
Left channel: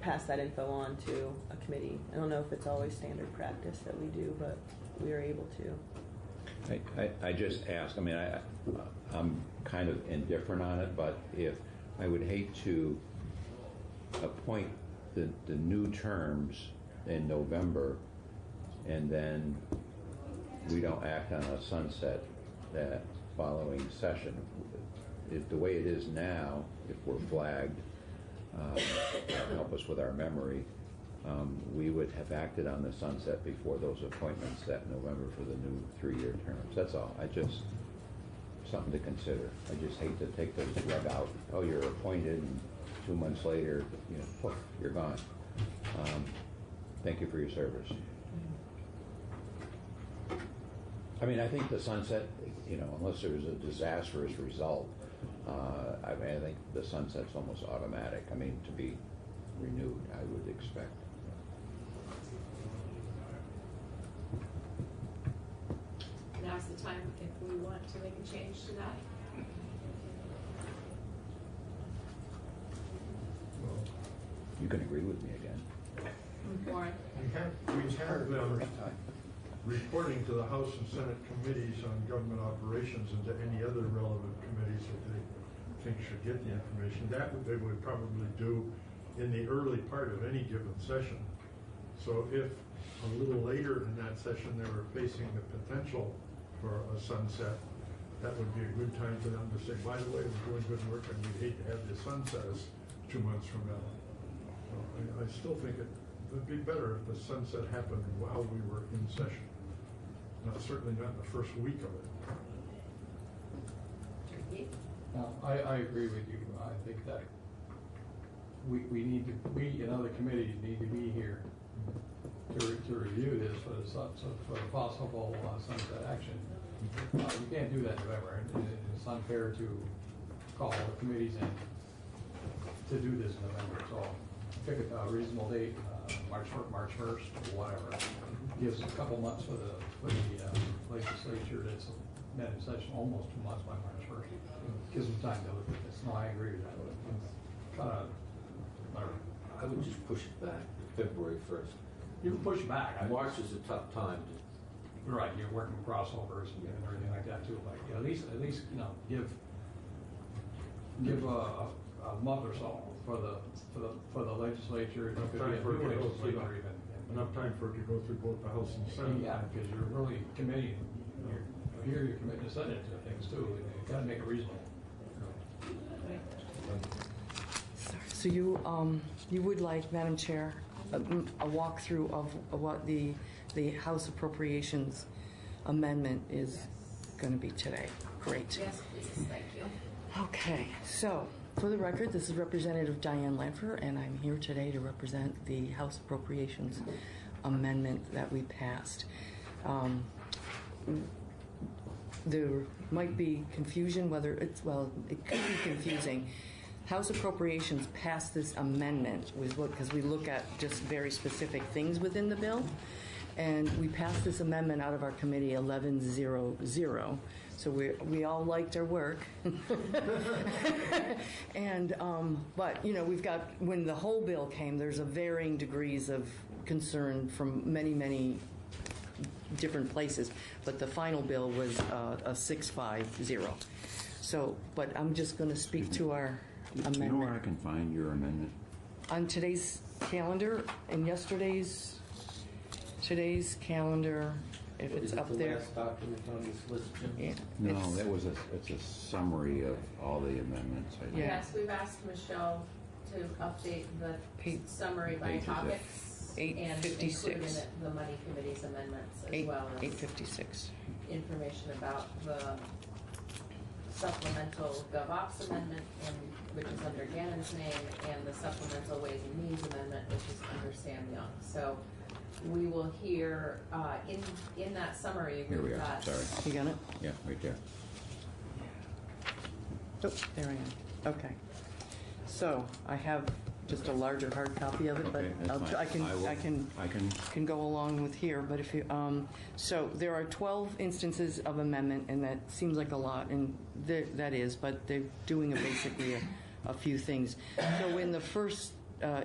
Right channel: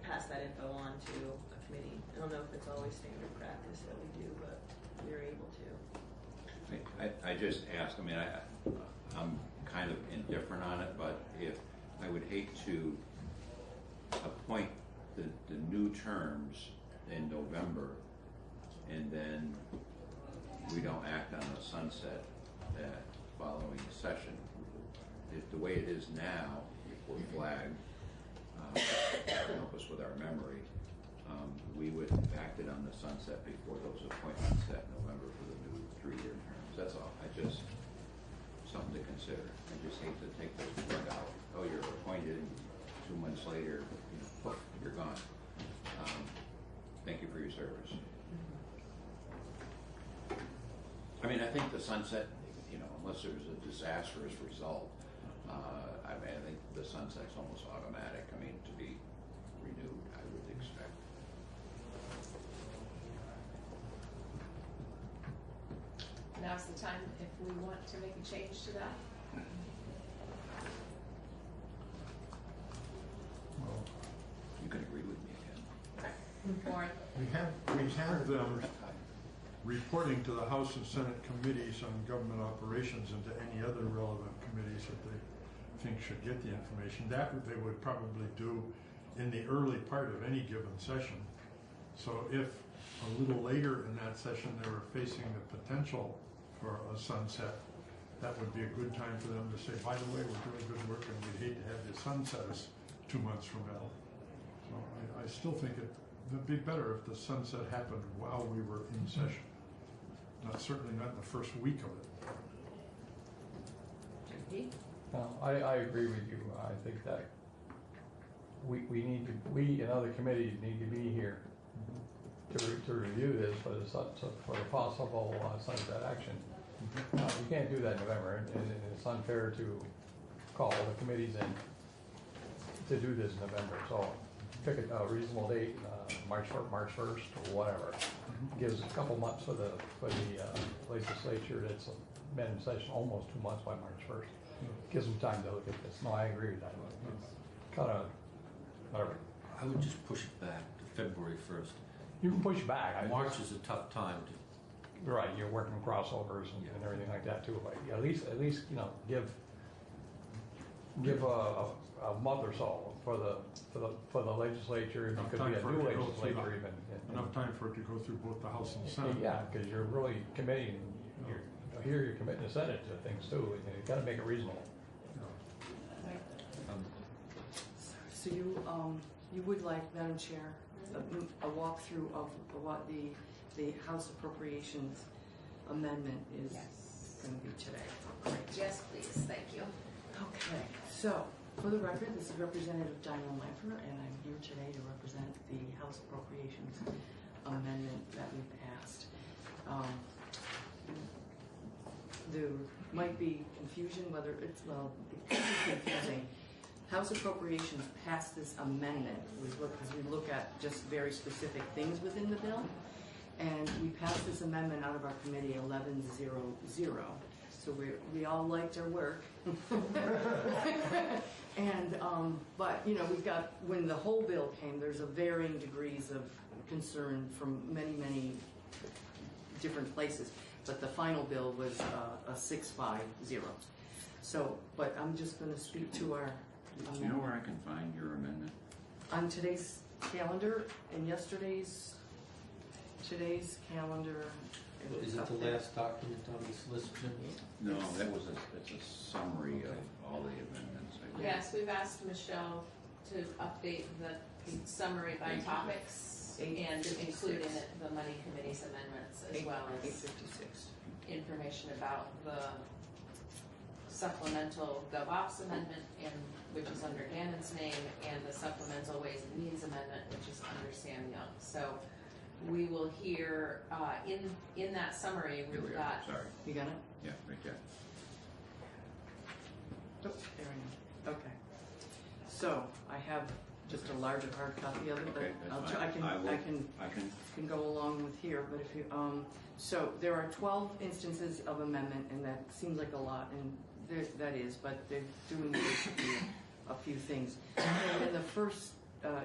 pass that info on to a committee. I don't know if it's always standard practice that we do, but we are able to. I just ask, I mean, I'm kind of indifferent on it, but if, I would hate to appoint the new terms in November and then we don't act on a sunset that following session. The way it is now, if we're flagged, help us with our memory, we would have acted on the sunset before those appointments that November for the new 3-year terms. That's all. Something to consider. I just hate to take the rug out. Oh, you're appointed, and 2 months later, poof, you're gone. Thank you for your service. I mean, I think the sunset, unless there's a disastrous result, I think the sunset's almost automatic. I mean, to be renewed, I would expect. Now's the time if we want to make a change to that. Well, You can agree with me again. Warren? we have them reporting to the House and Senate committees on government operations and to any other relevant committees that they think should get the information. That they would probably do in the early part of any given session. So if a little later in that session they were facing the potential for a sunset, that would be a good time for them to say, by the way, we're doing good work and we'd hate to have you sunset us 2 months from now. So I still think it would be better if the sunset happened while we were in session. Certainly not in the first week of it. I agree with you. I think that we and other committees need to be here to review this for the possible sunset action. You can't do that in November. It's unfair to call the committees in to do this in November. So pick a reasonable date, March 1st, or whatever. Gives a couple months for the legislature. It's been in session almost 2 months by March 1st. Gives them time to look at this. No, I agree with that. I would just push it back to February 1st. You can push back. March is a tough time to. Right, you're working crossovers and everything like that too. Like at least give a month or so for the legislature. Enough It could time be a for it new to go through legislature even. enough time for it to go through both the House and Senate. Yeah, because you're really committing. You're committing the Senate to things too. You got to make it reasonable. So you would like, Madam Chair, a walkthrough of what the House Appropriations Amendment is going to be today. Great. Yes, please. Thank you. Okay, so for the record, this is Representative Diane Lanfer, and I'm here today to represent the House Appropriations Amendment that we passed. There might be confusion whether it could be confusing. House Appropriations passed this amendment because we look at just very specific things within the bill, and we passed this amendment out of our committee 1100. So we all liked our work, and but we've got, when the whole bill came, there's a varying degrees of concern from many different places, but the final bill was a 650. So, but I'm just going to speak to our amendment. Do you know where I can find your amendment? On today's calendar and yesterday's calendar, if it's up there. Is it the last document on this list, Jim? Yeah, No, it's a summary of all the amendments. Yes, we've asked Michelle to update the summary by Pages, yeah. topics and include in it the money committee's amendments as well as 856. information about the supplemental GovOps amendment, which is under Gannon's name, and the supplemental Ways and Means amendment, which is under Sam Young. So we will hear in that summary. Here we We've are. got. Sorry. You got it? Yeah, right there. Oh, there I am. Okay. So I have just a larger hard copy of it, but Okay, that's I'll fine. try, I can go along with here, but if you, so there are 12 instances of amendment, and that seems like a lot, and that is, but they're doing basically a few things. So in the first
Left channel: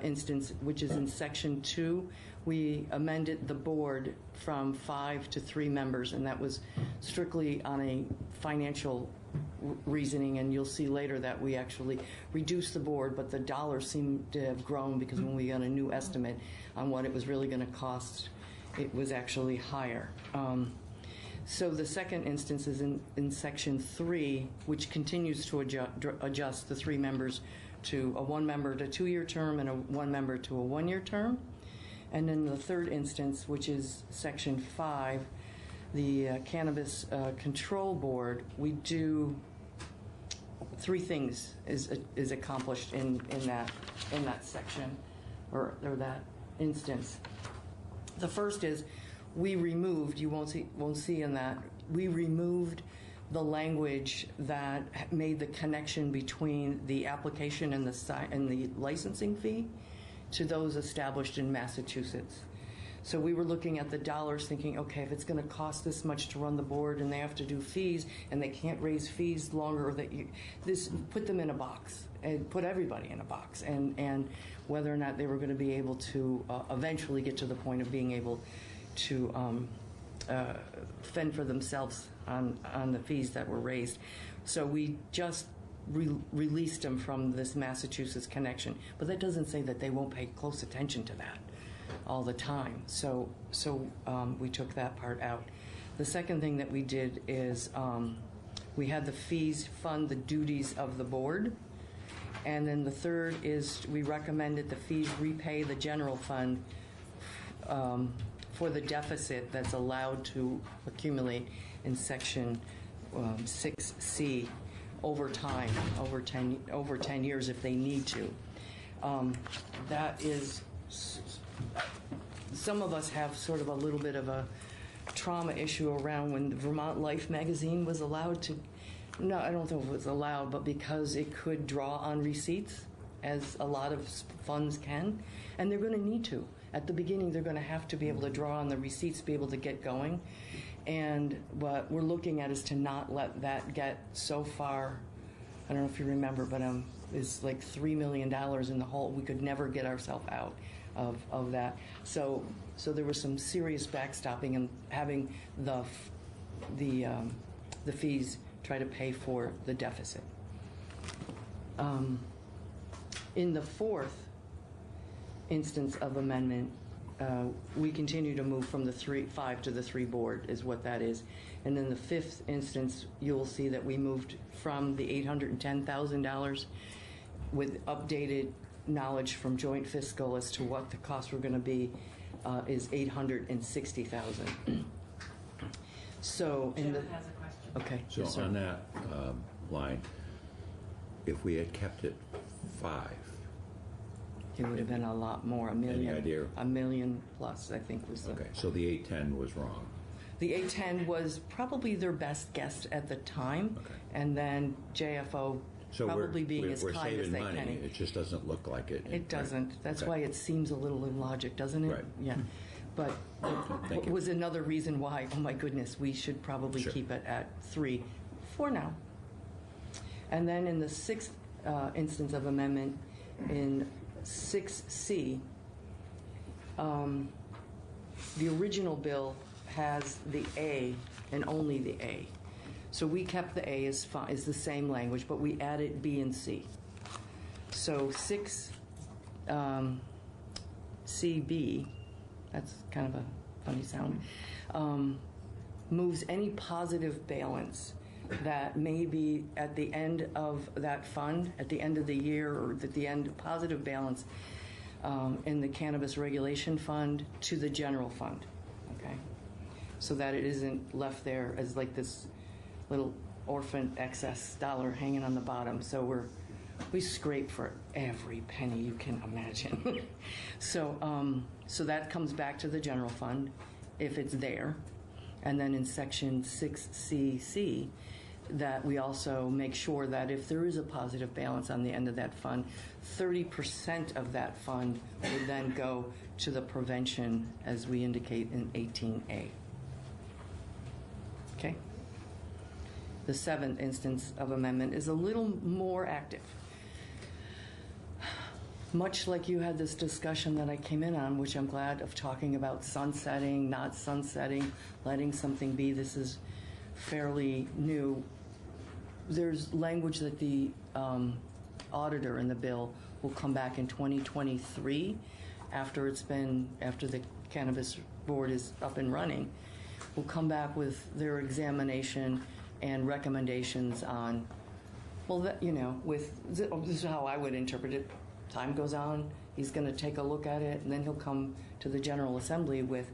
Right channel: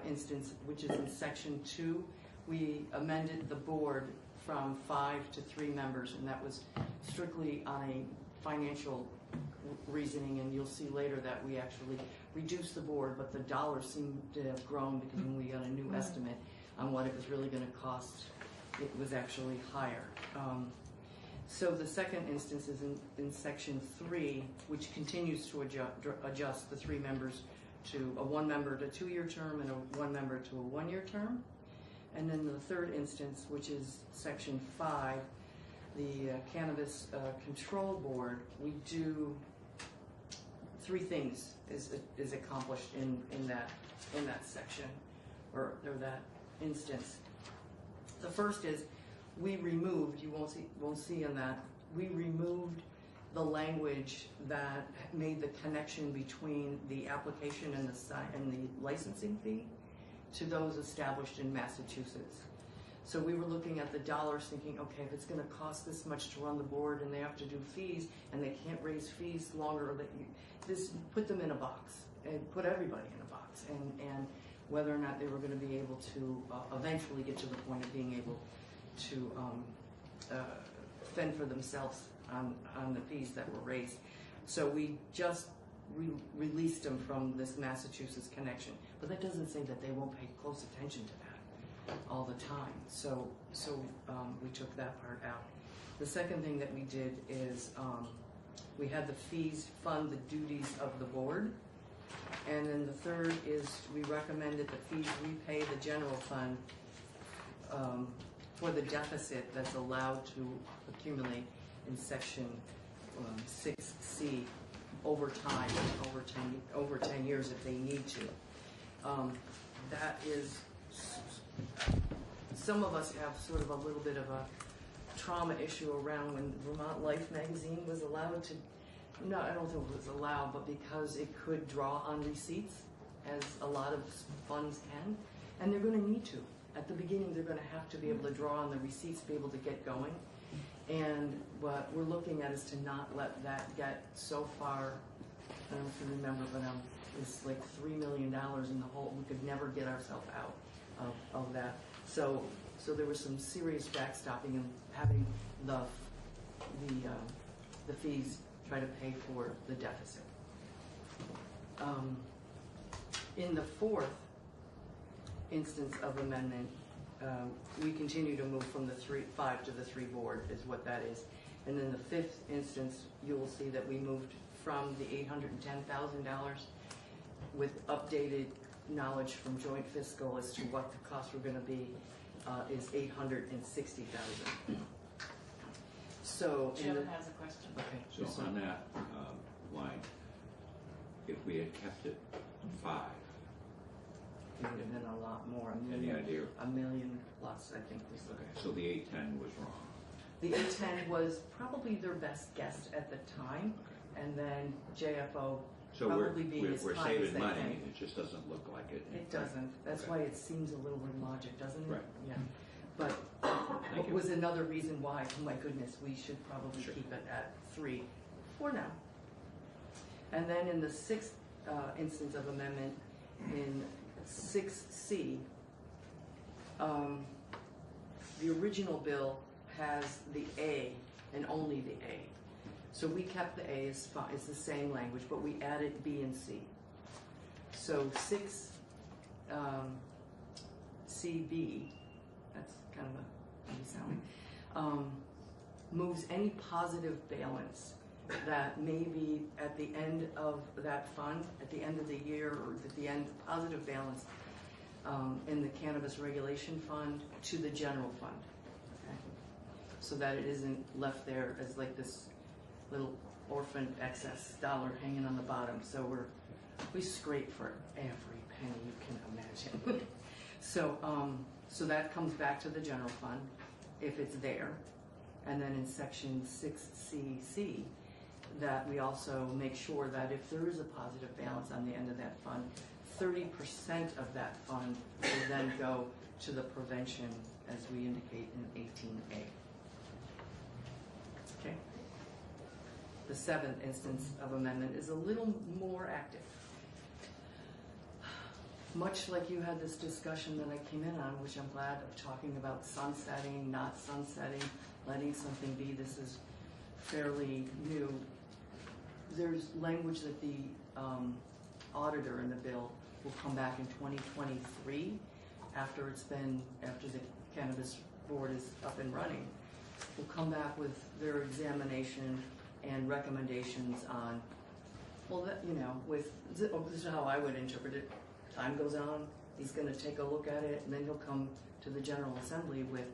instance, which is in section 2, we amended the board from 5 to 3 members, and that was strictly on a financial reasoning, and you'll see later that we actually reduced the board, but the dollars seem to have grown because when we got a new estimate on what it was really going to cost, it was actually higher. So the second instance is in section 3, which continues to adjust the 3 members to a 1 member to 2-year term and a 1 member to a 1-year term. And then the third instance, which is section 5, the Cannabis Control Board, we do 3 things is accomplished in that section or that instance. The first is we removed, you won't see in that, we removed the language that made the connection between the application and the licensing fee to those established in Massachusetts. So we were looking at the dollars thinking, okay, if it's going to cost this much to run the board and they have to do fees and they can't raise fees longer, put them in a box and put everybody in a box, and whether or not they were going to be able to eventually get to the point of being able to fend for themselves on the fees that were raised. So we just released them from this Massachusetts connection, but that doesn't say that they won't pay close attention to that all the time. So we took that part out. The second thing that we did is we had the fees fund the duties of the board, and then the third is we recommended the fees repay the general fund for the deficit that's allowed to accumulate in section 6C over time, over 10 years if they need to. That is, some of us have sort of a little bit of a trauma issue around when the Vermont Life magazine was allowed to, no, I don't know if it was allowed, but because it could draw on receipts, as a lot of funds can, and they're going to need to. At the beginning, they're going to have to be able to draw on the receipts to be able to get going. And what we're looking at is to not let that get so far, I don't know if you remember, but is like $3 million in the hole. We could never get ourselves out of that. So there was some serious backstopping and having the fees try to pay for the deficit. In the fourth instance of amendment, we continue to move from the 5 to the 3 board is what that is. And then the fifth instance, you will see that we moved from the $810,000 with updated knowledge from joint fiscal as to what the costs were going to be is $860,000. So, Jeff has a question. Okay. So yes, sir. on that line, if we had kept it 5, it would have been a lot more, any idea? $1 million plus, I think was the. Okay, so the 810 was wrong. The 810 was probably their best guess at the time, and then JFO So probably being as we're kind as saving they money, can. it just doesn't look like it. It doesn't. That's Okay. why it seems a little illogic, doesn't it? Right. Yeah. But Thank it you. was another reason why, oh my goodness, we should probably Sure. keep it at 3 for now. And then in the sixth instance of amendment, in 6C, the original bill has the A and only the A. So we kept the A is the same language, but we added B and C. So 6CB, that's kind of a funny sound, moves any positive balance that may be at the end of that fund, at the end of the year, or at the end, positive balance in the Cannabis Regulation Fund to the general fund, okay? So that it isn't left there as like this little orphan excess dollar hanging on the bottom. So we scrape for every penny you can imagine. So that comes back to the general fund if it's there. And then in section 6CC, that we also make sure that if there is a positive balance on the end of that fund, 30% of that fund will then go to the prevention as we indicate in 18A. Okay? The seventh instance of amendment is a little more active. Much like you had this discussion that I came in on, which I'm glad of, talking about sunsetting, not sunsetting, letting something be. This is fairly new. There's language that the auditor in the bill will come back in 2023 after the Cannabis Board is up and running, will come back with their examination and recommendations on, well, that, this is how I would interpret it. Time goes on, he's going to take a look at it, and then he'll come to the General Assembly with,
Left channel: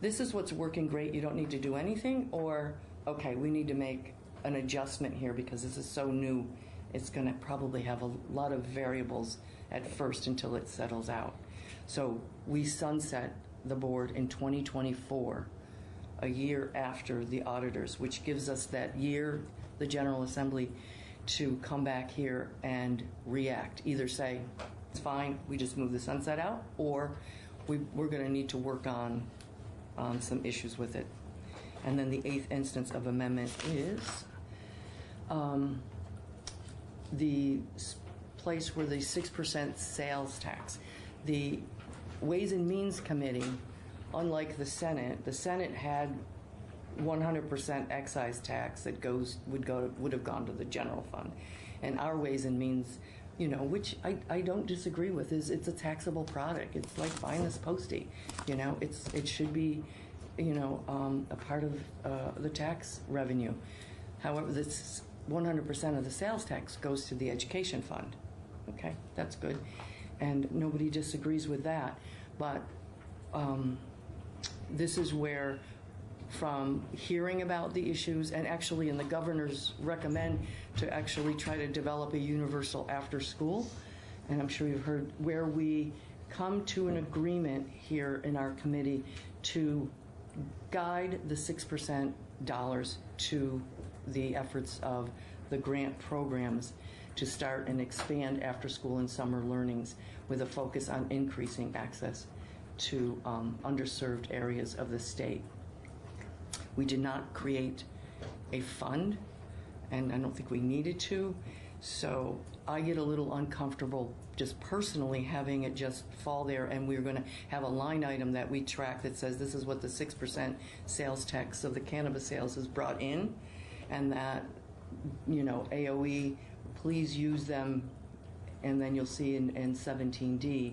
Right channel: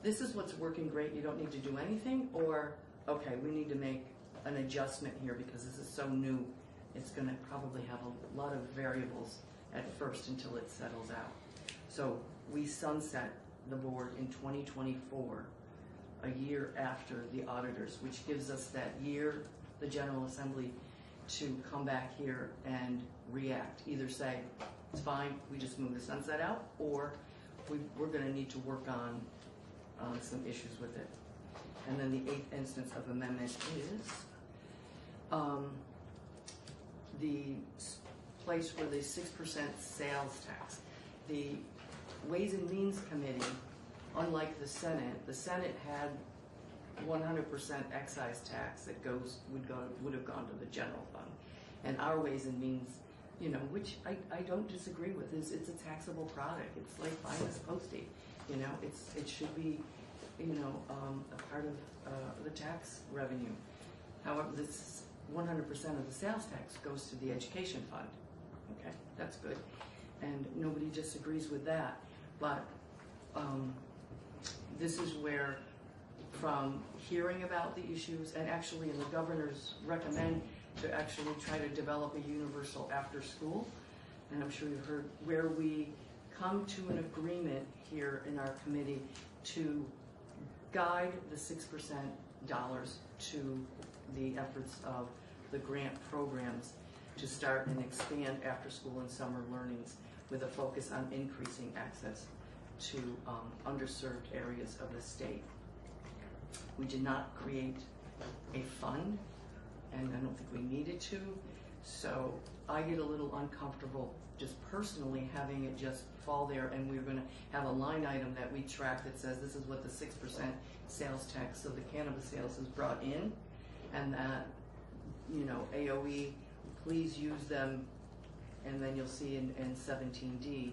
this is what's working great, you don't need to do anything, or, okay, we need to make an adjustment here because this is so new, it's going to probably have a lot of variables at first until it settles out. So we sunset the board in 2024, a year after the auditors, which gives us that year, the General Assembly, to come back here and react. Either say, it's fine, we just move the sunset out, or we're going to need to work on some issues with it. And then the eighth instance of amendment is the place where the 6% sales tax. The Ways and Means Committee, unlike the Senate had 100% excise tax that would have gone to the general fund, and our Ways and Means, which I don't disagree with, it's a taxable product. It's like buying this postie, it should be, a part of the tax revenue. However, this 100% of the sales tax goes to the education fund. Okay, that's good, and nobody disagrees with that. But this is where, from hearing about the issues, and actually in the governor's recommend to actually try to develop a universal after school, and I'm sure you've heard, where we come to an agreement here in our committee to guide the 6% dollars to the efforts of the grant programs to start and expand after school and summer learnings with a focus on increasing access to underserved areas of the state. We did not create a fund, and I don't think we needed to, so I get a little uncomfortable just personally having it just fall there, and we're going to have a line item that we track that says this is what the 6% sales tax of the cannabis sales is brought in, and that, AOE, please use them, and then you'll see in 17D,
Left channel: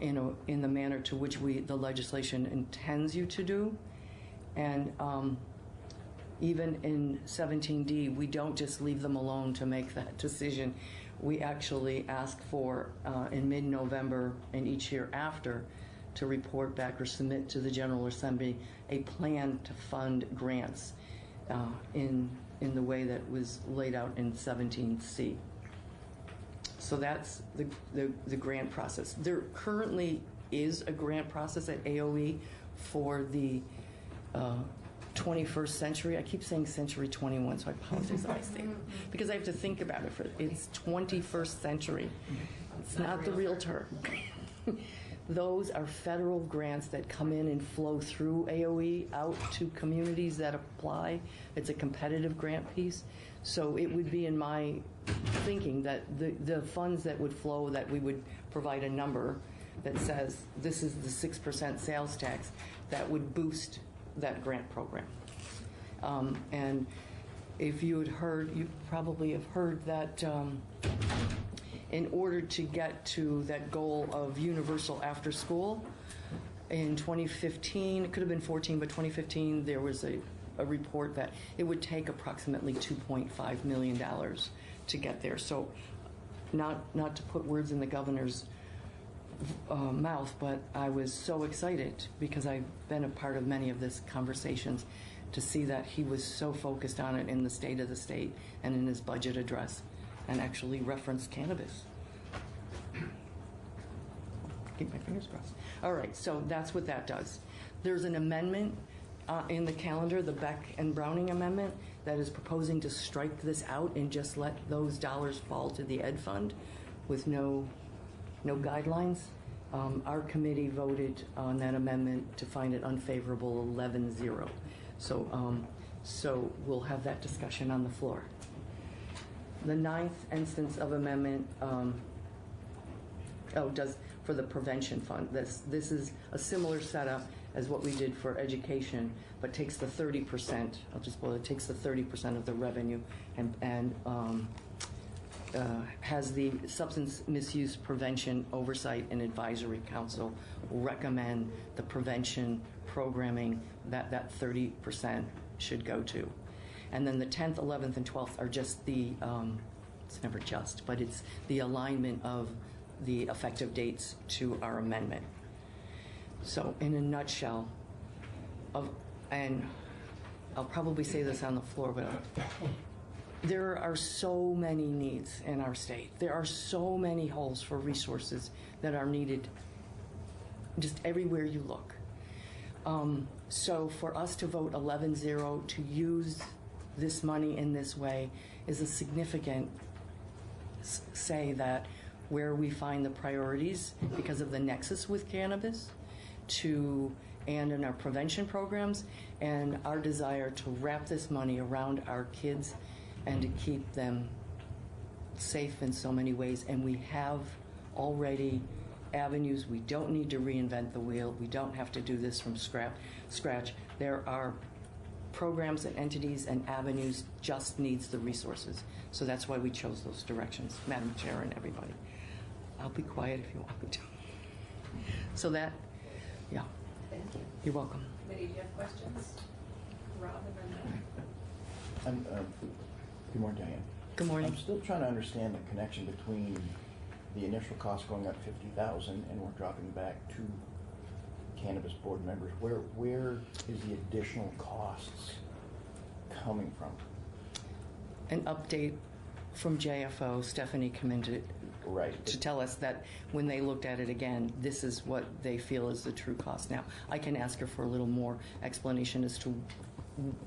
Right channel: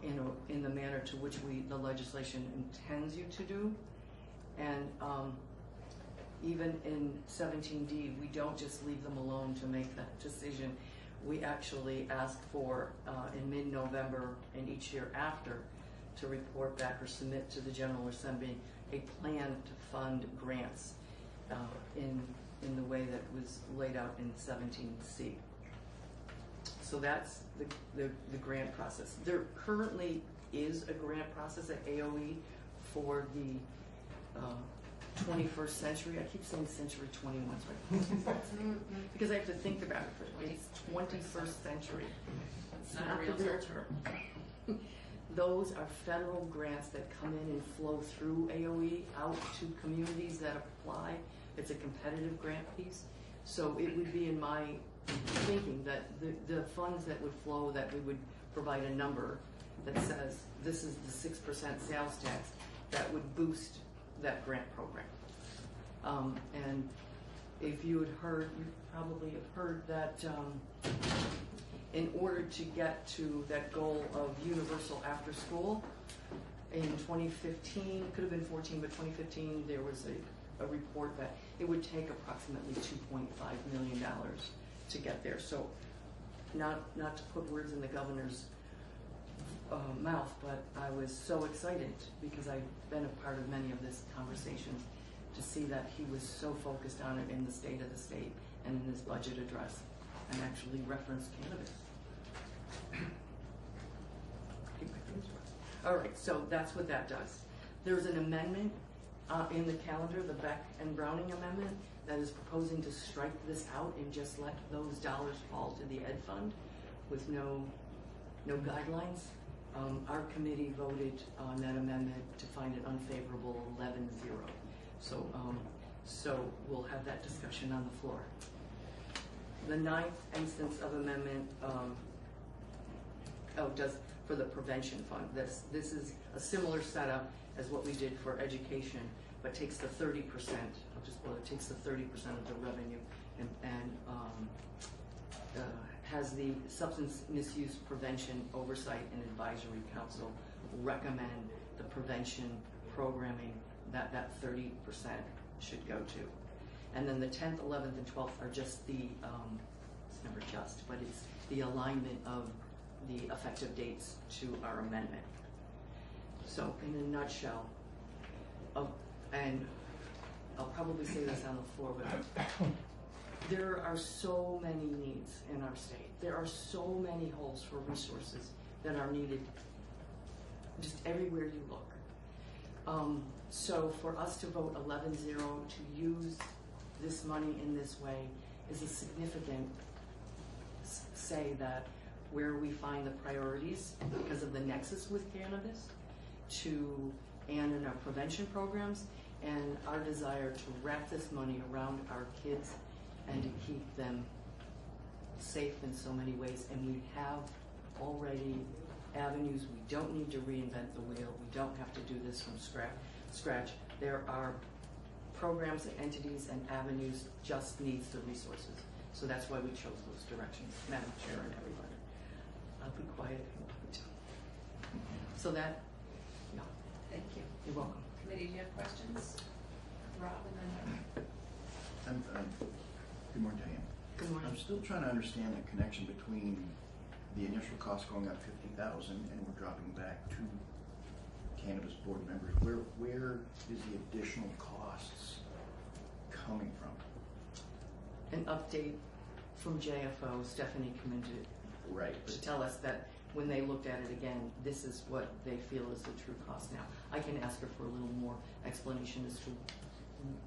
in the manner to which the legislation intends you to do. And even in 17D, we don't just leave them alone to make that decision. We actually ask for, in mid-November and each year after, to report back or submit to the General Assembly a plan to fund grants in the way that was laid out in 17C. So that's the grant process. There currently is a grant process at AOE for the 21st century. I keep saying century 21, so I apologize because I have to think about it. It's 21st century. It's not the real term. Those are federal grants that come in and flow through AOE out to communities that apply. It's a competitive grant piece. So it would be in my thinking that the funds that would flow, that we would provide a number that says this is the 6% sales tax that would boost that grant program. And if you had heard, you probably have heard that in order to get to that goal of universal after school, in 2015, it could have been 14, but 2015, there was a report that it would take approximately $2.5 million to get there. So not to put words in the governor's mouth, but I was so excited because I've been a part of many of these conversations to see that he was so focused on it in the State of the State and in his budget address, and actually referenced cannabis. Keep my fingers crossed. All right, so that's what that does. There's an amendment in the calendar, the Beck and Browning amendment, that is proposing to strike this out and just let those dollars fall to the ed fund with no guidelines. Our committee voted on that amendment to find it unfavorable 11-0. So we'll have that discussion on the floor. The ninth instance of amendment for the prevention fund. This is a similar setup as what we did for education, but takes the 30%. It takes the 30% of the revenue and has the Substance Misuse Prevention Oversight and Advisory Council recommend the prevention programming that 30% should go to. And then the 10th, 11th, and 12th are just the, it's never just, but it's the alignment of the effective dates to our amendment. So in a nutshell, and I'll probably say this on the floor, but there are so many needs in our state. There are so many holes for resources that are needed just everywhere you look. So for us to vote 11-0 to use this money in this way is a significant say that where we find the priorities because of the nexus with cannabis and in our prevention programs and our desire to wrap this money around our kids and to keep them safe in so many ways. And we have already avenues. We don't need to reinvent the wheel. We don't have to do this from scratch. There are programs and entities and avenues, just needs the resources. So that's why we chose those directions, Madam Chair and everybody. I'll be quiet if you want me to. So that, yeah. Thank you. You're welcome. Committee, do you have questions? Rob and then Good morning, Diane. Good morning. I'm still trying to understand the connection between the initial cost going up 50,000 and we're dropping back to cannabis board members. Where is the additional costs coming from? An update from JFO, Stephanie commented to tell us that when they looked at it again, this is what they feel is the true cost. Now, I can ask her for a little more explanation as to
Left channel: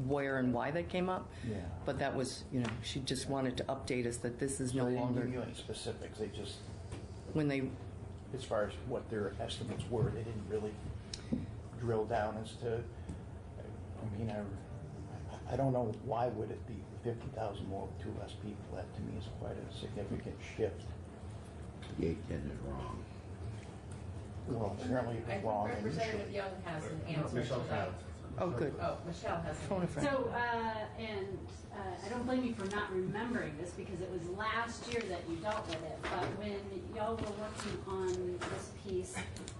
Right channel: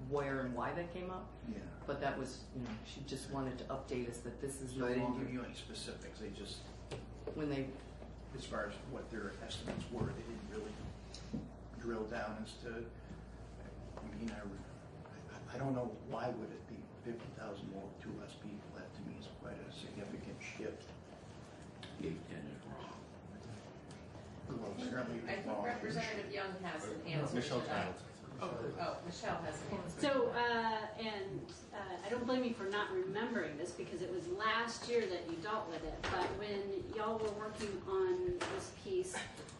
where and why that came up. Yeah. But that was, she just wanted to update us that this is So no they didn't longer. give you any specifics. They just, when they, as far as what their estimates were, they didn't really drill down as to. I mean, I don't know why would it be 50,000 more with 2 less people. That to me is quite a significant shift. The 810 is wrong. Well, apparently I think wrong. Representative Young has an answer to that. Oh, good. Oh, Michelle has an answer. So, I don't blame you for not remembering this because it was last year that you dealt with it, but when y'all were working on this piece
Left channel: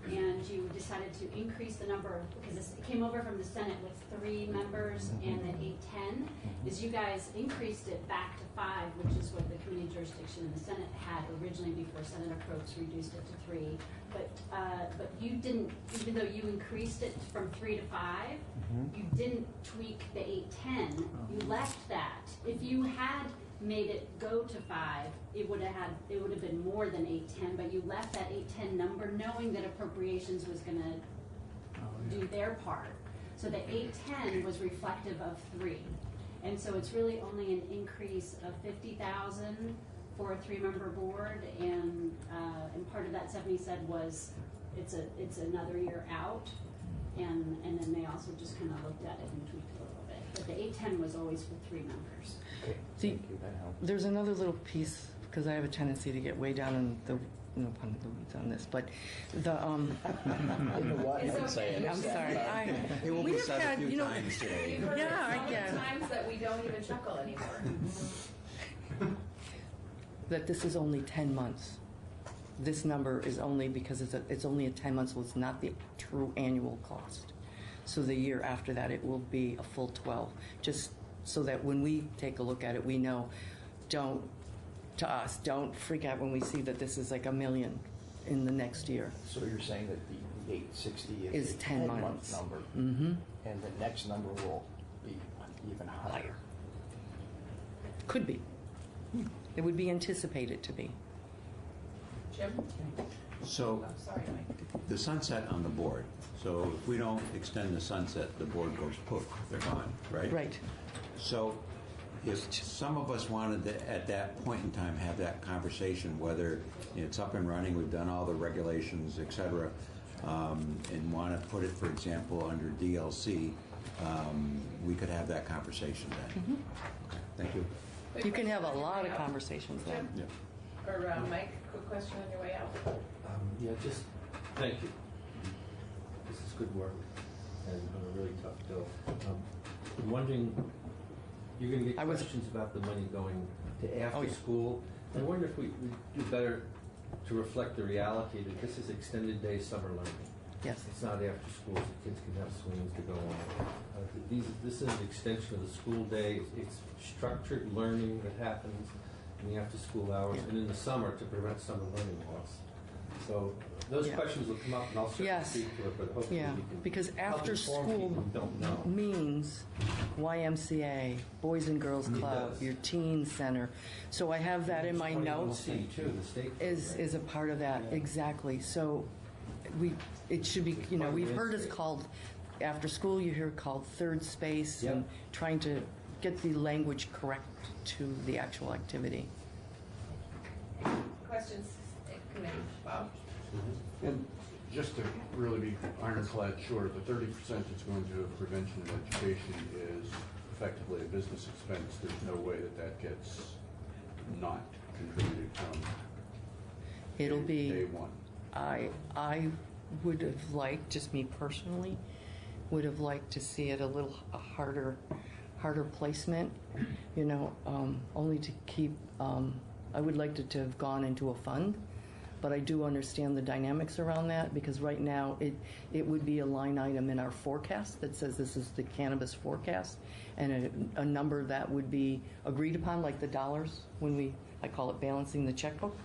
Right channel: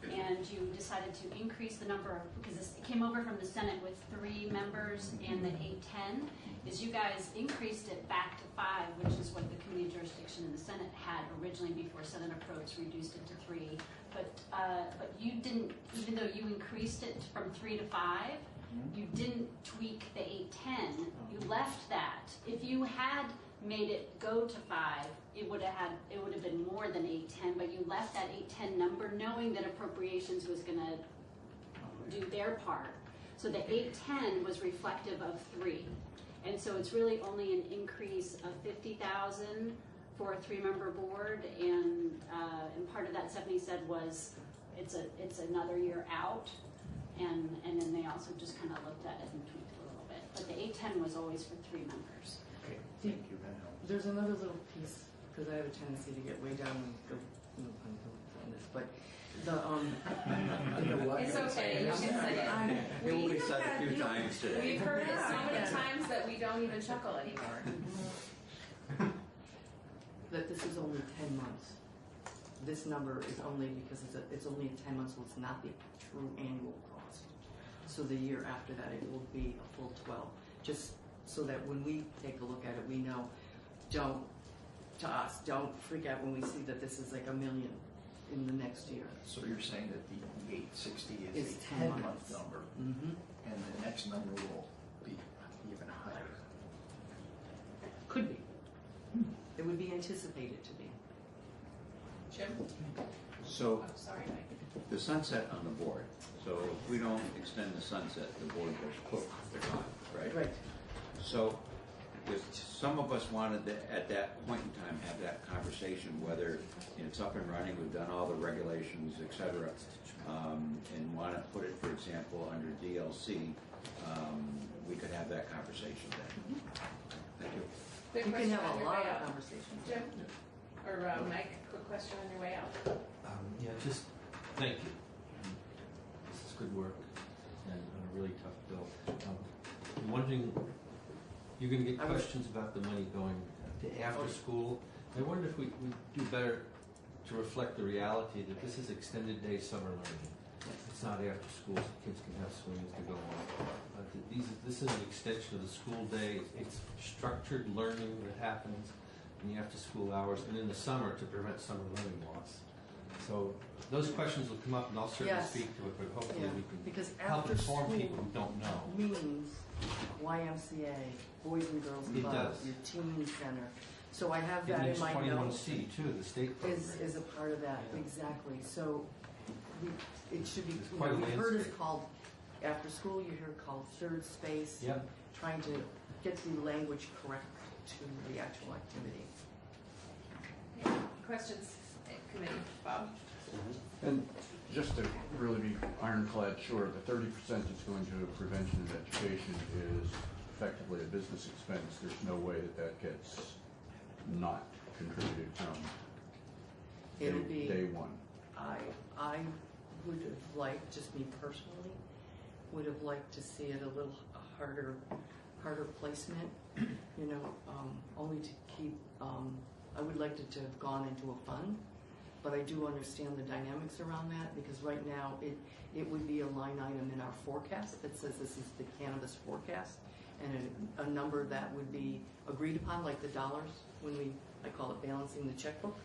and you decided to increase the number of, because it came over from the Senate with 3 members and the 810, is you guys increased it back to 5, which is what the community jurisdiction in the Senate had originally before Senator Probst reduced it to 3. But you didn't, even though you increased it from 3 to 5, you didn't tweak the 810. You left that. If you had made it go to 5, it would have been more than 810. But you left that 810 number, knowing that appropriations was going to do their part. So the 810 was reflective of 3, and so it's really only an increase of 50,000 for a 3-member board. And part of that Stephanie said was it's another year out. And then they also just kind of looked at it and tweaked a little bit. But the 810 was always for 3 members. Okay, See, thank you, that helps. there's another little piece, because I have a tendency to get way down in the, no pun in the weeds on this, but the, It's okay. I'm sorry. It will be We've said had, a few you know, times today. We've heard it Yeah, so many yeah. times that we don't even chuckle anymore. that this is only 10 months. This number is only because it's only a 10 months, so it's not the true annual cost. So the year after that, it will be a full 12. Just so that when we take a look at it, we know, don't freak out when we see that this is like $1 million in the next year. So you're saying that the 860 Is is a 10 10-month months. number, Mm-hmm. and the next number will be even higher. Could be. It would be anticipated to be. Jim? So, I'm sorry, Mike. the sunset on the board, so if we don't extend the sunset, the board goes poof, they're gone, right? Right. So, if some of us wanted to, at that point in time, have that conversation, whether it's up and running, we've done all the regulations, et cetera, and want to put it, for example, under DLC, we could have that conversation then. Okay, thank you. You can have a lot of conversations then. Jim? Or Mike, quick question on your way out. Yeah, just thank you. This is good work and on a really tough bill. I'm wondering, you're going to get questions about the money going to after school. I wonder if we do better to reflect the reality that this is extended day summer learning. Yes. It's not after school, so kids can have swimmings to go on. This is an extension of the school day. It's structured learning that happens in the after-school hours and in the summer to prevent summer learning loss. So those questions will come up, and I'll certainly speak to it, but hopefully we can because help after inform school people who don't know. means YMCA, Boys and Girls It Club, does. your teen center. So I have that in my notes. 21C too, the state Is a part of that, exactly. So it should be, you know, Part of we've the heard it's in-state. called, after school you hear it called third space, and trying to get the language correct to the actual activity. Questions, committee, Bob? And just to really be ironclad sure, the 30% that's going to prevention and education is effectively a business expense. There's no way that gets not contributed from It'll be day one. I would have liked, just me personally, would have liked to see it a little harder placement, you know, only to keep, I would like it to have gone into a fund, but I do understand the dynamics around that, because right now it would be a line item in our forecast that says this is the cannabis forecast, and a number that would be agreed upon, like the dollars, when I call it balancing the checkbook.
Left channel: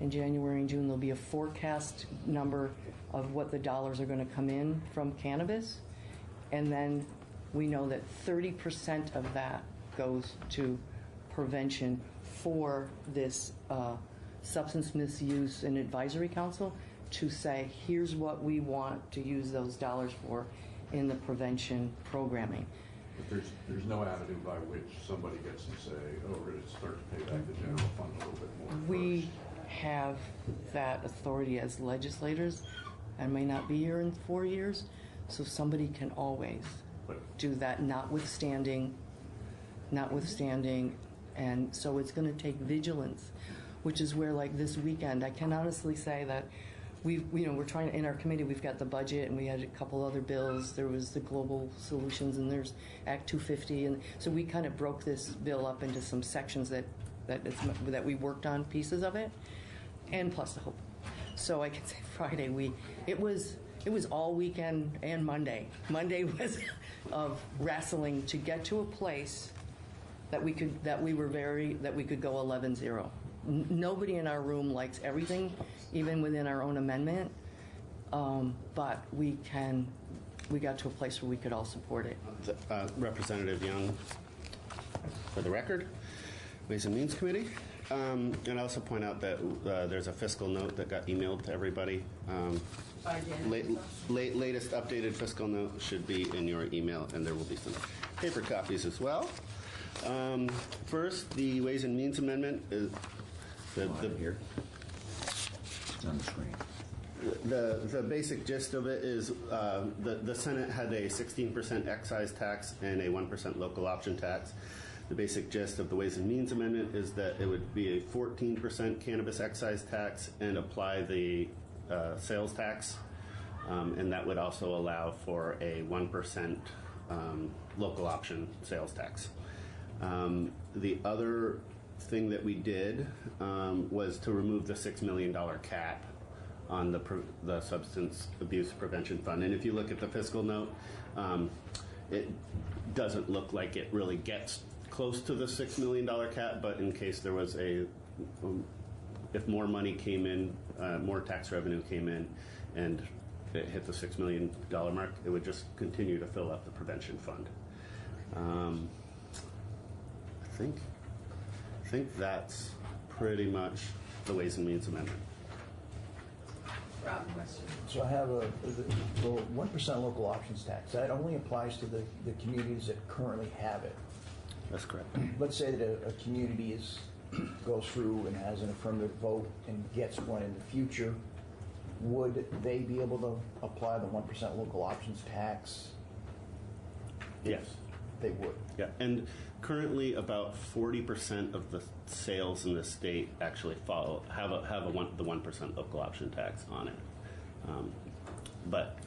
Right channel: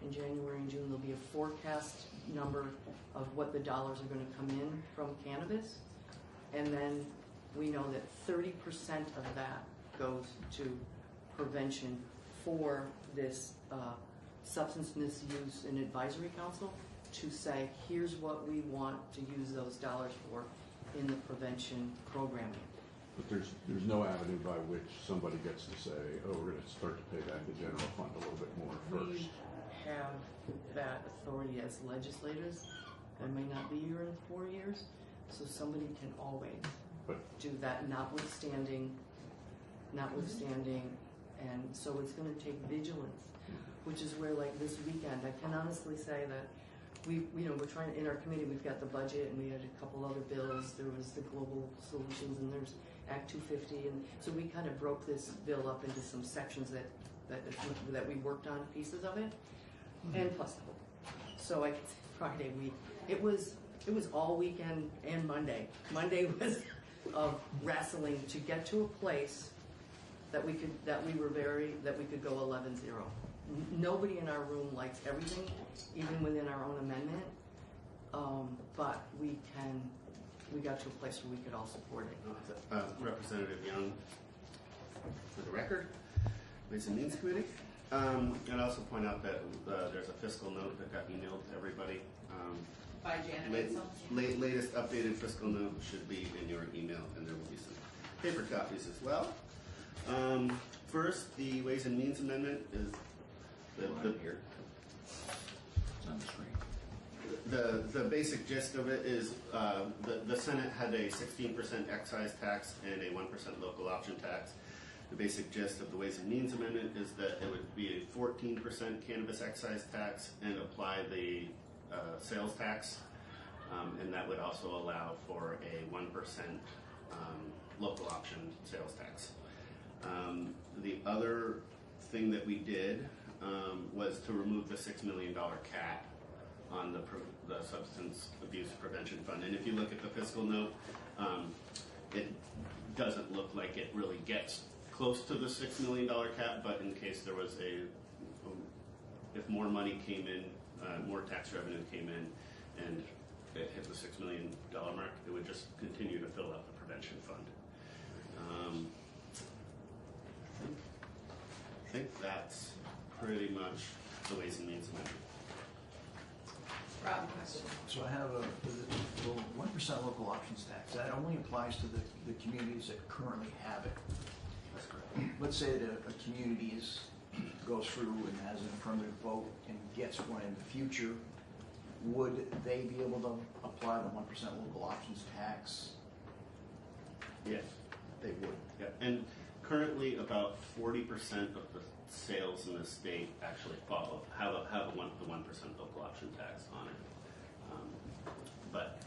In January and June, there'll be a forecast number of what the dollars are going to come in from cannabis, and then we know that 30% of that goes to prevention for this Substance Misuse and Advisory Council to say, here's what we want to use those dollars for in the prevention programming. But there's no avenue by which somebody gets to say, oh, we're going to start to pay back the general fund a little bit more We first. have that authority as legislators. I may not be here in 4 years, so somebody can always do that, notwithstanding, and so it's going to take vigilance, which is where, like this weekend, I can honestly say that we're trying, in our committee, we've got the budget, and we had a couple other bills. There was the global solutions, and there's Act 250, and so we kind of broke this bill up into some sections that we worked on pieces of it, and plus the whole. So I can say Friday it was all weekend and Monday. Monday was of wrestling to get to a place that we could go 11-0. Nobody in our room likes everything, even within our own amendment, but we got to a place where we could all support it. Representative Young, for the record, Ways and Means Committee. And also point out that there's a fiscal note that got emailed to everybody. By Janet. Latest updated fiscal note should be in your email, and there will be some paper copies as well. First, the Ways and Means Amendment is Here. It's on the screen. the basic gist of it is the Senate had a 16% excise tax and a 1% local option tax. The basic gist of the Ways and Means Amendment is that it would be a 14% cannabis excise tax and apply the sales tax, and that would also allow for a 1% local option sales tax. The other thing that we did was to remove the $6 million cap on the Substance Abuse Prevention Fund. And if you look at the fiscal note, it doesn't look like it really gets close to the $6 million cap, but in case there was if more money came in, more tax revenue came in, and it hit the $6 million mark, it would just continue to fill up the prevention fund. I think that's pretty much the Ways and Means Amendment. Rob, question. So I have the 1% local options tax. That only applies to the communities that currently have it. That's correct. Let's say that a community goes through and has an affirmative vote and gets one in the future, would they be able to apply the 1% local options tax? Yes. They would. Yeah, and currently about 40% of the sales in the state actually have the 1% local option tax on it. But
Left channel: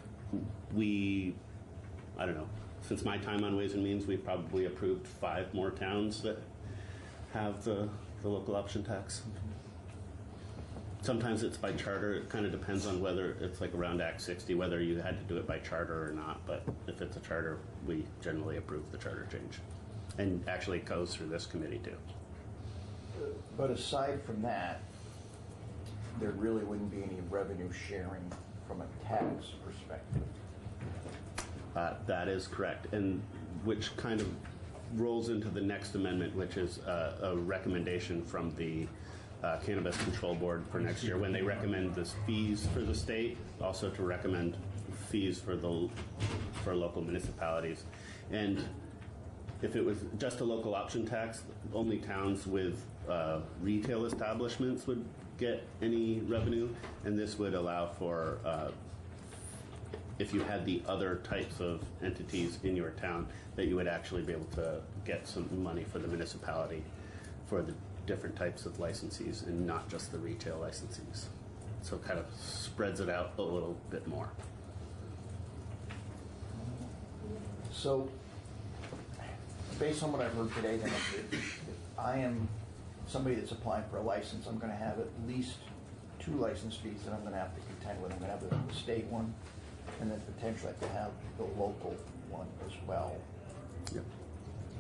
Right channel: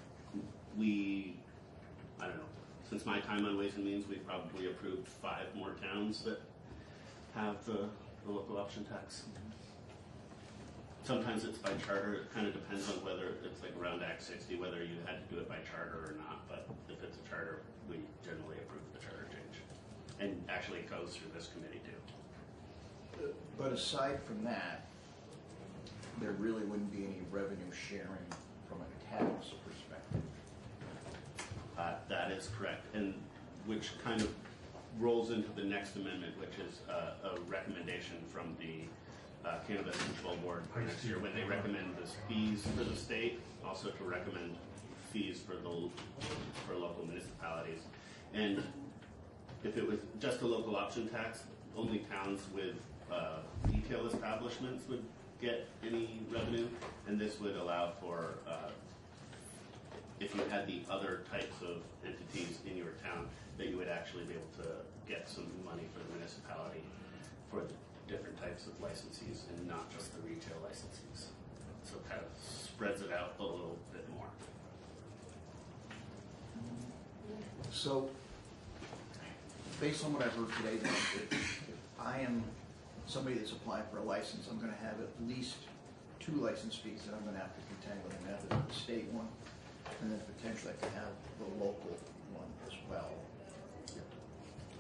I don't know, since my time on Ways and Means, we've probably approved 5 more towns that have the local option tax. Sometimes it's by charter. It kind of depends on whether it's like around Act 60, whether you had to do it by charter or not. But if it's a charter, we generally approve the charter change. And actually it goes through this committee too. But aside from that, there really wouldn't be any revenue sharing from a tax perspective. That is correct. And which kind of rolls into the next amendment, which is a recommendation from the Cannabis Control Board for next year when they recommend this fees for the state, also to recommend fees for local municipalities. And if it was just a local option tax, only towns with retail establishments would get any revenue, and this would allow for if you had the other types of entities in your town, that you would actually be able to get some money for the municipality for the different types of licensees and not just the retail licensees. So it kind of spreads it out a little bit more. So, based on what I've heard today, then, if I am somebody that's applying for a license, I'm going to have at least 2 license fees that I'm going to have to contend with. I'm going to have the state one, and then potentially I could have the local one as well. Yep.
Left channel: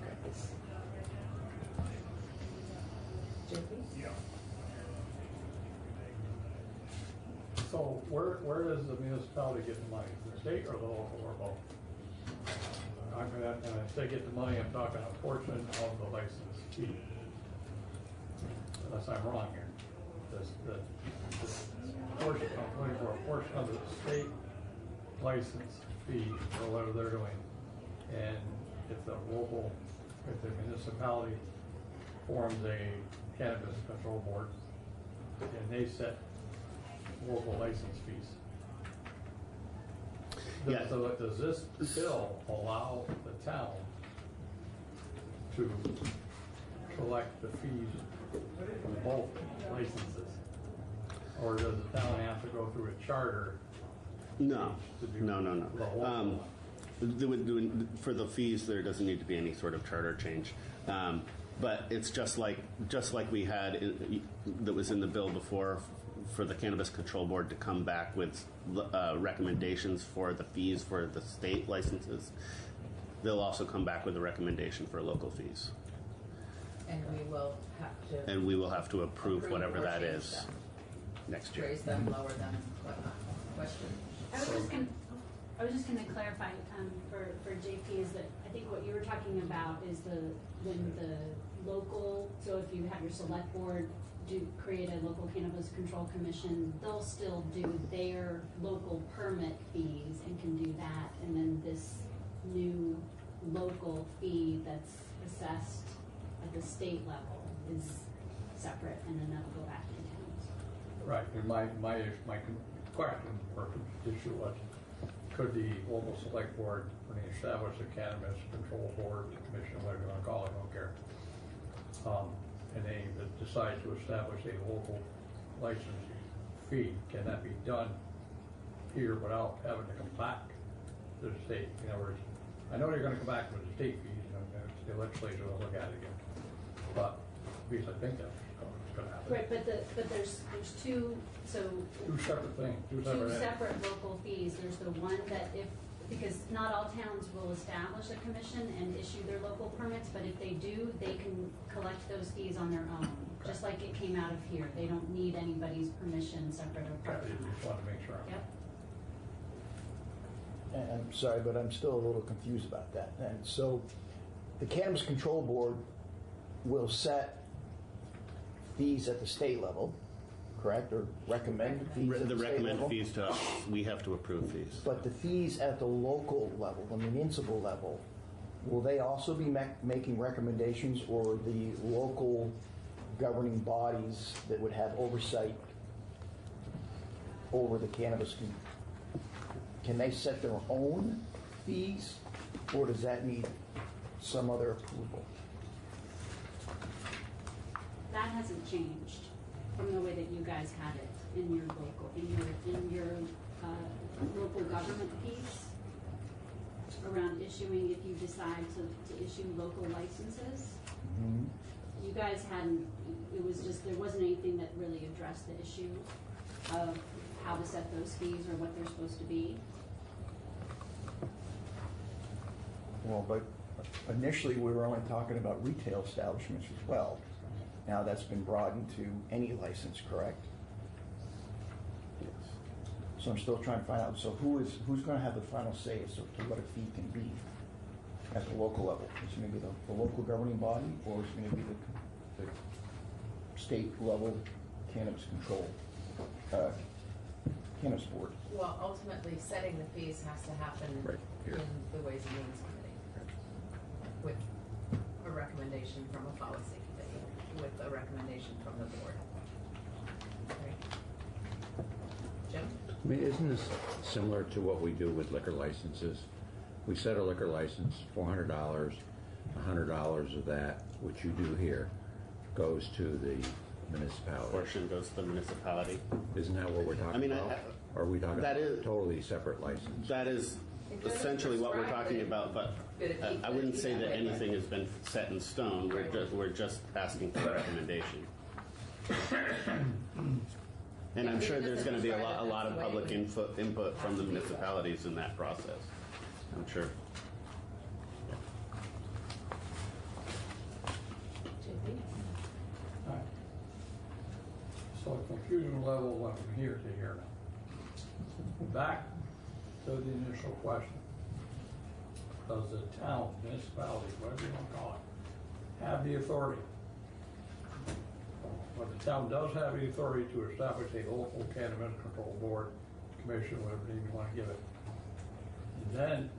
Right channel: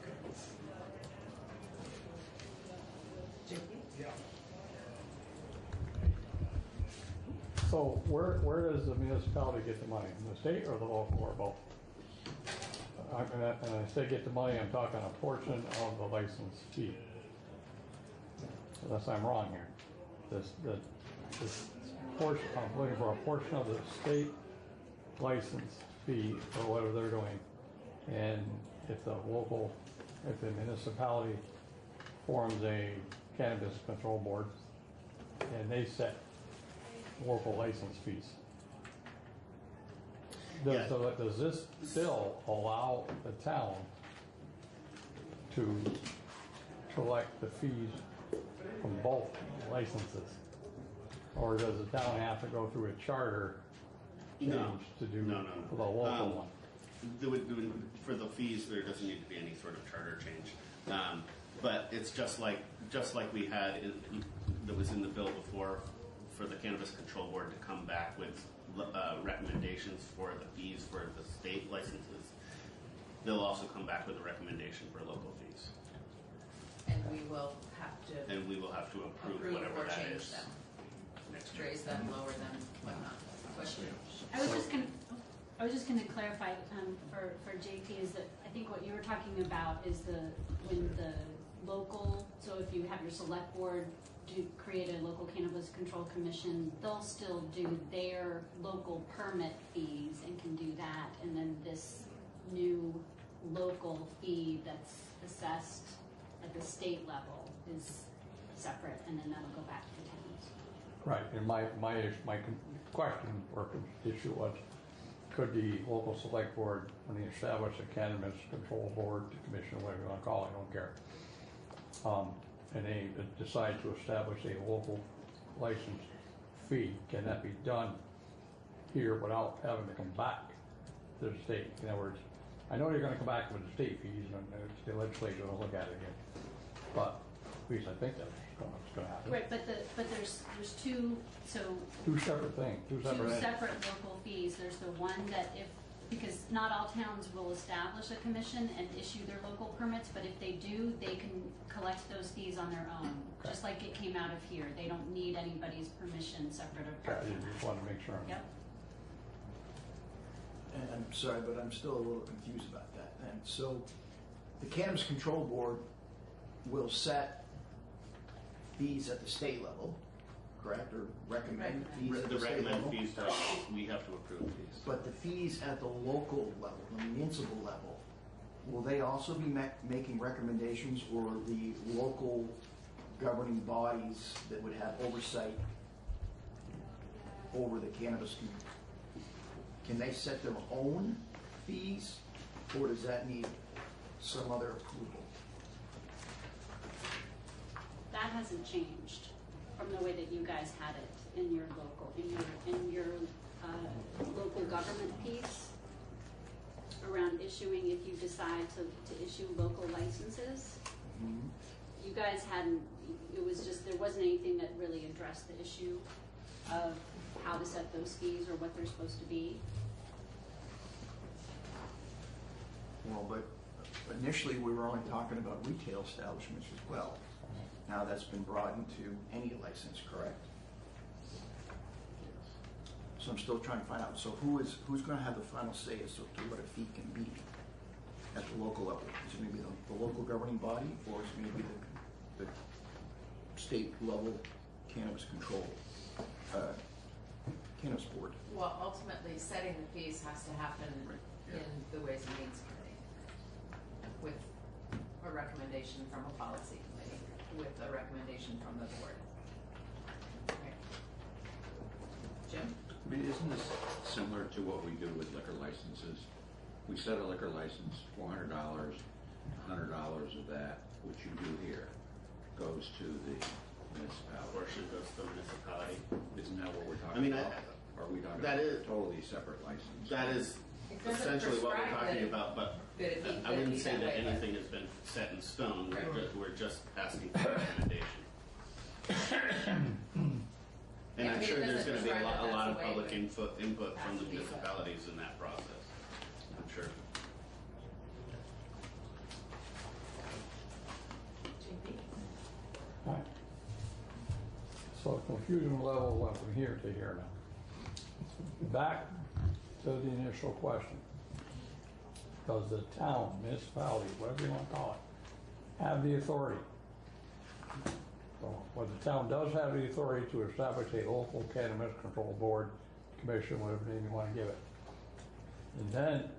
Okay. Yeah. So where does the municipality get the money? The state or the local or both? I'm gonna have to, when I say get the money, I'm talking a portion of the license fee. Unless I'm wrong here. This portion, I'm looking for a portion of the state license fee or whatever they're doing. And if the municipality forms a cannabis control board and they set local license fees. Yeah. So does this bill allow the town to collect the fees from both licenses? Or does the town have to go through a charter change to do No. the local one? For the fees, there doesn't need to be any sort of charter change. But it's just like we had that was in the bill before for the Cannabis Control Board to come back with recommendations for the fees for the state licenses. They'll also come back with a recommendation for local fees. And we will have to approve whatever or that change is them. next year. Raise them, lower them, whatnot. Question? I was just going to clarify for JP is that I think what you were talking about is when the local, so if you have your select board create a local cannabis control commission, they'll still do their local permit fees and can do that, and then this new local fee that's assessed at the state level is separate, and then that'll go back to the towns. Right, and my question or issue was, could the local select board, when they establish a cannabis control board, commission, whatever you want to call it, I don't care, and they decide to establish a local license fee, can that be done here without having to come back to the state? In other words, I know you're going to come back with the state fees, and the legislature will look at it again, but at least I think that's what's going to happen. Right, but there's two, so. Two separate things, two separate local fees. There's the one that because not all towns will establish a commission and issue their local permits, but if they do, they can collect those fees on their own, just like it came out of here. They don't need anybody's permission separate or apart from that. Just want to make sure. Yep. And I'm sorry, but I'm still a little confused about that then. So the Cannabis Control Board will set fees at the state level, correct, or recommend fees at the state recommend level? fees to us, we have to approve fees. But the fees at the local level, the municipal level, will they also be making recommendations, or the local governing bodies that would have oversight over the cannabis, can they set their own fees, or does that need some other approval? That hasn't changed from the way that you guys had it in your local, in your local government piece around issuing, if you decide to issue local licenses. Mm-hmm. You guys hadn't, it was just, there wasn't anything that really addressed the issue of how to set those fees or what they're supposed to be. Well, but initially we were only talking about retail establishments as well. Now that's been broadened to any license, correct? So I'm still trying to find out, so who's going to have the final say as to what a fee can be at the local level? Is it going to be the local governing body, or is it going to be the state level cannabis control, cannabis board? Well, ultimately, setting the fees has to happen in the Ways and Means Committee with a recommendation from a policy committee, with a recommendation from the board. Right. Jim? I mean, isn't this similar to what we do with liquor licenses? We set a liquor license, $400, $100 of that, which you do here, goes to the municipality. Portion goes to the municipality. Isn't that what we're talking about? Or are we talking about a totally separate license? That is essentially what we're talking about, but I wouldn't say that anything has been set in stone. We're just asking for a recommendation. And I'm sure there's going to be a lot of public input from the municipalities in that process. I'm sure. Right. So confusion level went from here to here now. Back to the initial question. Does the town, municipality, whatever you want to call it, have the authority? Well, the town does have the authority to establish a local cannabis control board, commission, whatever name you want to give it. And then,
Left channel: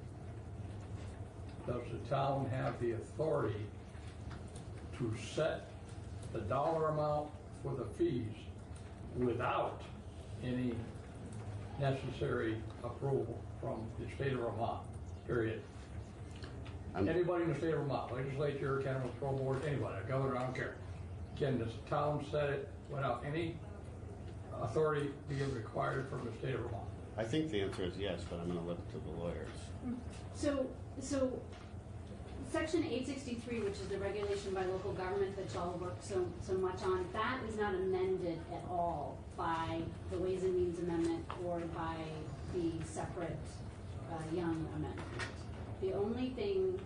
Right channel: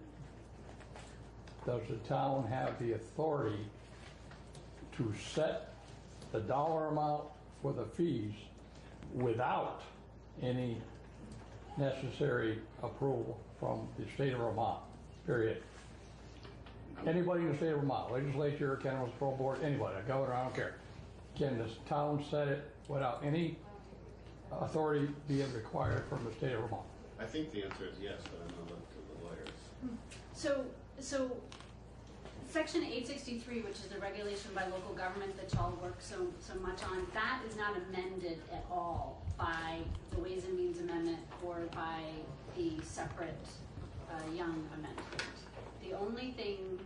does the town have the authority to set the dollar amount for the fees without any necessary approval from the state of Vermont, period? Anybody in the state of Vermont, legislature, cannabis control board, anybody, governor, I don't care. Can the town set it without any authority being required from the state of Vermont? I think the answer is yes, but I'm going to look to the lawyers. So Section 863, which is the regulation by local government that y'all work so much on, that is not amended at all by the Ways and Means Amendment or by the separate Young Amendment. The only thing,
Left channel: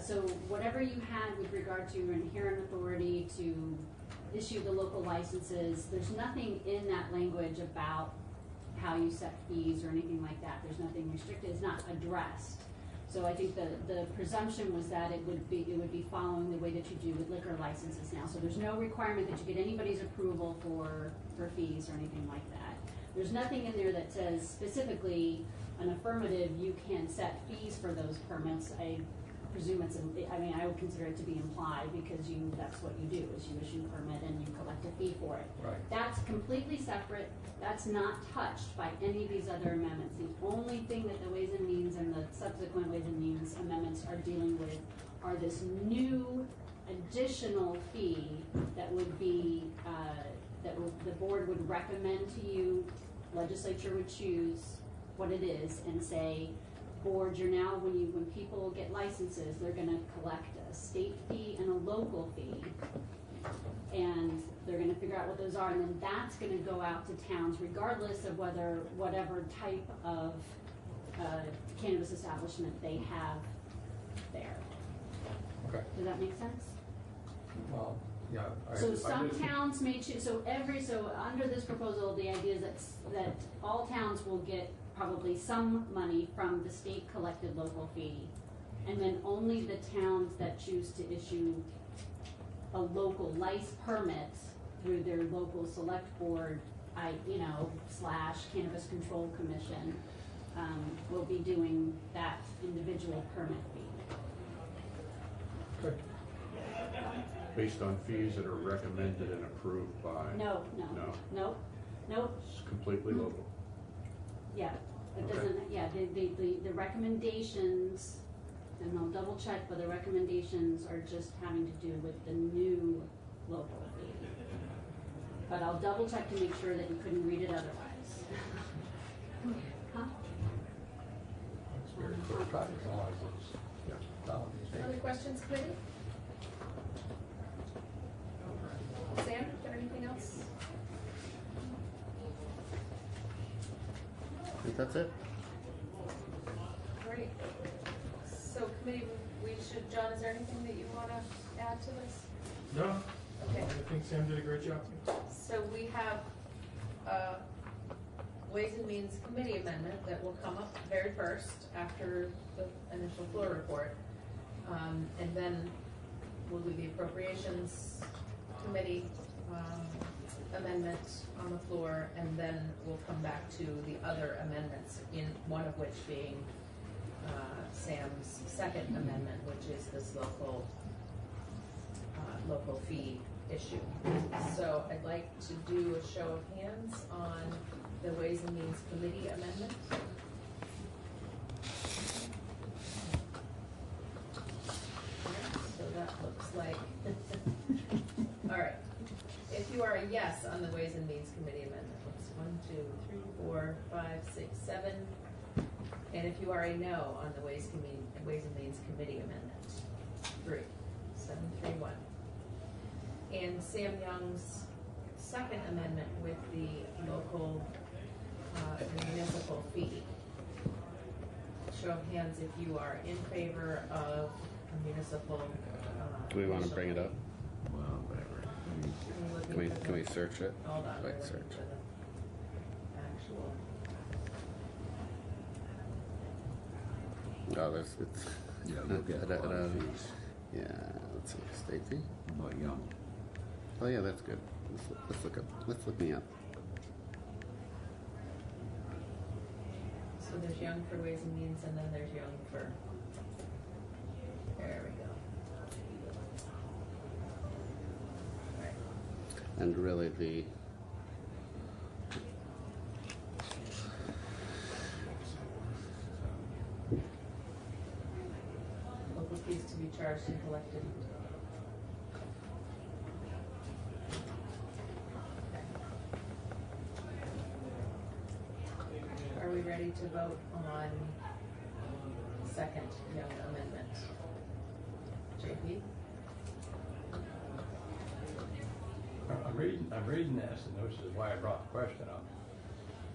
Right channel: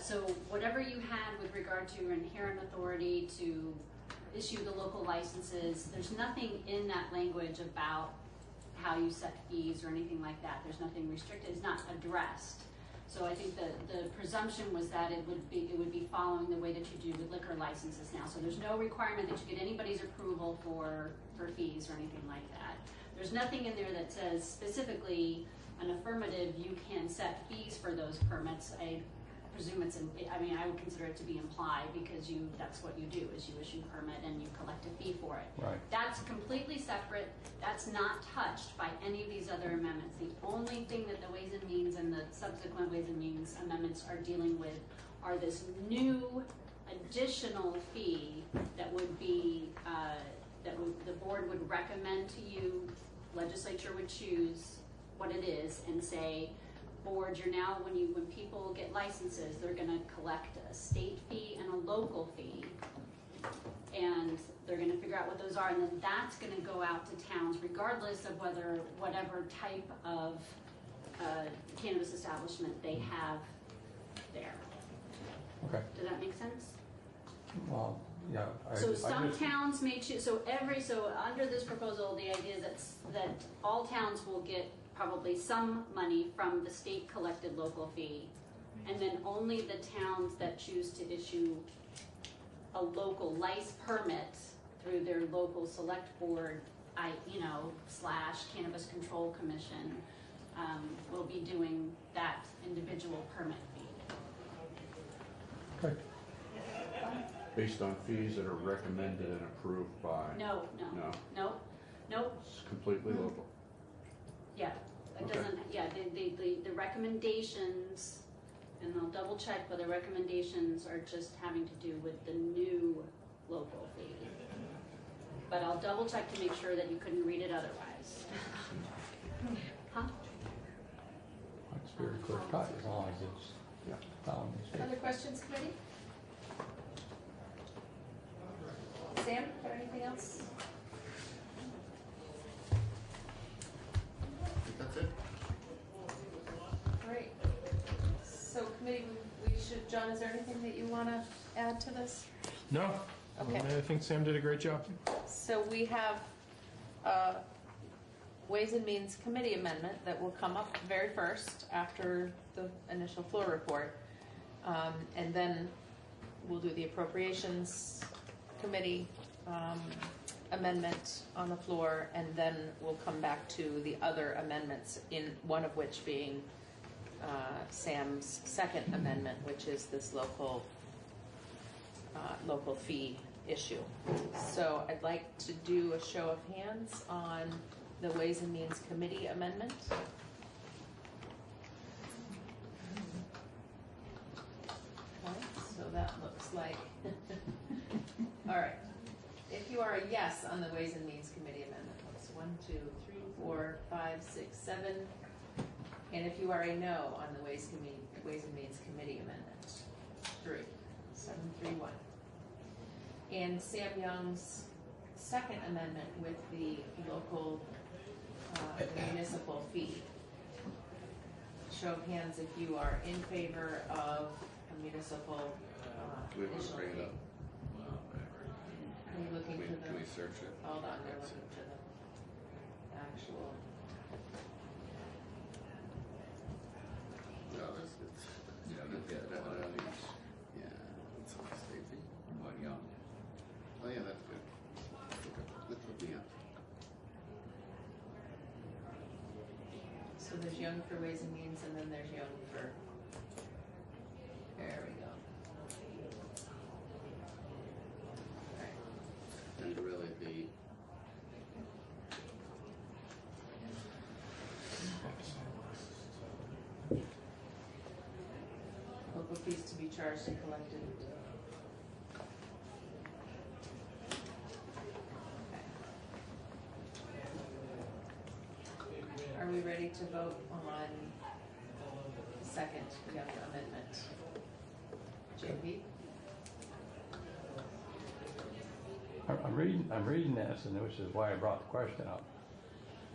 so whatever you had with regard to your inherent authority to issue the local licenses, there's nothing in that language about how you set fees or anything like that. There's nothing restricted. It's not addressed. So I think the presumption was that it would be following the way that you do with liquor licenses now. So there's no requirement that you get anybody's approval for fees or anything like that. There's nothing in there that says specifically an affirmative, you can set fees for those permits. I presume I would consider it to be implied because that's what you do, is you issue a permit and you collect a fee for it. Right. That's completely separate. That's not touched by any of these other amendments. The only thing that the Ways and Means and the subsequent Ways and Means amendments are dealing with are this new additional fee that would be, the board would recommend to you, legislature would choose what it is and say, board, you're now, when people get licenses, they're gonna collect a state fee and a local fee. And they're gonna figure out what those are, and then that's gonna go out to towns regardless of whatever type of cannabis establishment they have there. Okay. Does that make sense? Yeah. So some towns may choose, so under this proposal, the idea is that all towns will get probably some money from the state collected local fee, and then only the towns that choose to issue a local license permit through their local select board, / cannabis control commission, will be doing that individual permit fee. Based on fees that are recommended and approved by? No. It's completely local. Yeah, it Okay. doesn't, yeah, the recommendations, and I'll double check, but the recommendations are just having to do with the new local fee. But I'll double check to make sure that you couldn't read it otherwise. Huh? It's very clear cut as long as it's, Other questions, committee? Sam, is there anything else? I think that's it. Great. So committee, we should, John, is there anything that you want to add to this? No, Okay. I think Sam did a great job. So we have a Ways and Means Committee amendment that will come up very first after the initial floor report. And then we'll do the Appropriations Committee amendment on the floor, and then we'll come back to the other amendments, in one of which being Sam's second amendment, which is this local fee issue. So I'd like to do a show of hands on the Ways and Means Committee amendment. So that looks like, all right. If you are a yes on the Ways and Means Committee amendment, it's 1, 2, 3, 4, 5, 6, 7. And if you are a no on the Ways and Means Committee amendment, 3, 7, 3, 1. And Sam Young's second amendment with the local municipal fee. Show of hands if you are in favor of a municipal. Do we want to bring it up? Well, whatever. Can we search it? Hold on, we're Wait, looking search for it. the actual. Oh, there's, it's. Yeah, look at fees. Yeah, let's see, state fee? But Young. Oh yeah, that's good. Let's look me up. So there's Young for Ways and Means, and then there's Young for. There we go. And really the Local fees to be charged and collected. Are we ready to vote on second Young amendment? JP? I'm reading this, and which is why I brought the question up.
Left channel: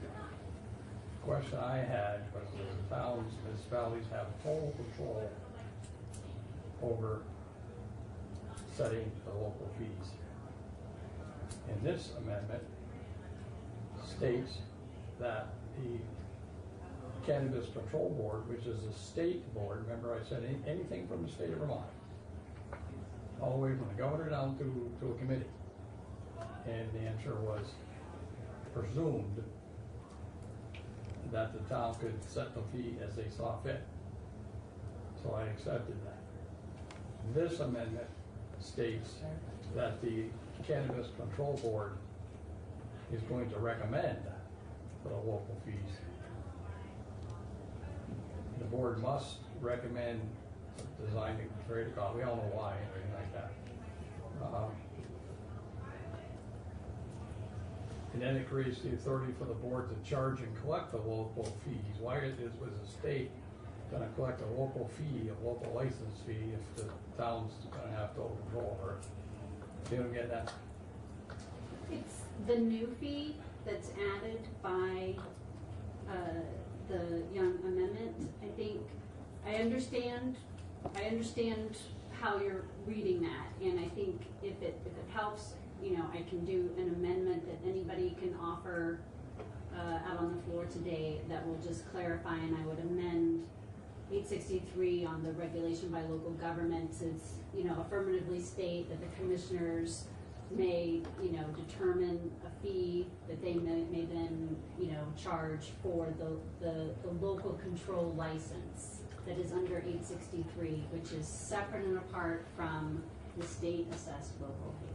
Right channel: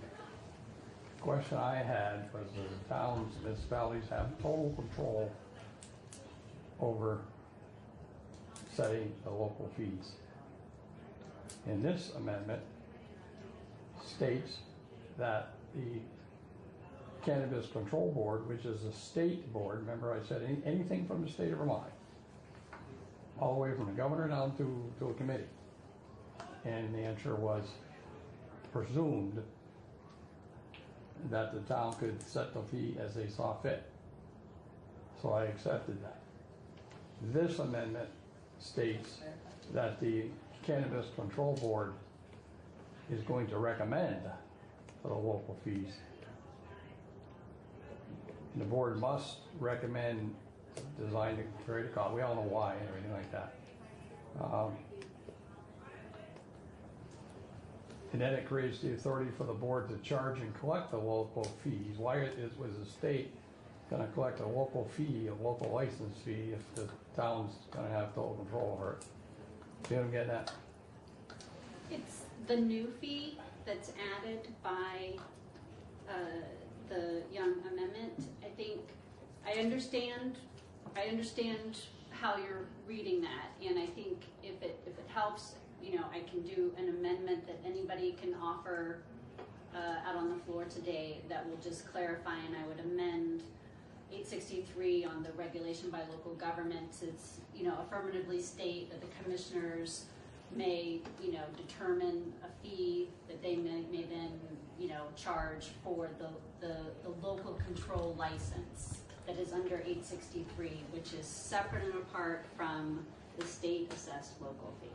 The question I had was the towns, municipalities have total control over setting the local fees. And this amendment states that the Cannabis Control Board, which is a state board, remember I said anything from the state of Vermont, all the way from the governor down to a committee. And the answer was presumed that the town could set the fee as they saw fit. So I accepted that. This amendment states that the Cannabis Control Board is going to recommend for the local fees. The board must recommend design to create a cost. We all know why and everything like that. And then it creates the authority for the board to charge and collect the local fees. Why was the state going to collect a local fee, a local license fee, if the town's going to have total control over it? So you don't get that. It's the new fee that's added by the Young Amendment. I think, I understand how you're reading that, and I think if it helps, you know, I can do an amendment that anybody can offer out on the floor today that will just clarify, and I would amend 863 on the regulation by local governments is, you know, affirmatively state that the commissioners may, you know, determine a fee that they may then, you know, charge for the local control license. that is under 863, which is separate and apart from the state assessed local fee.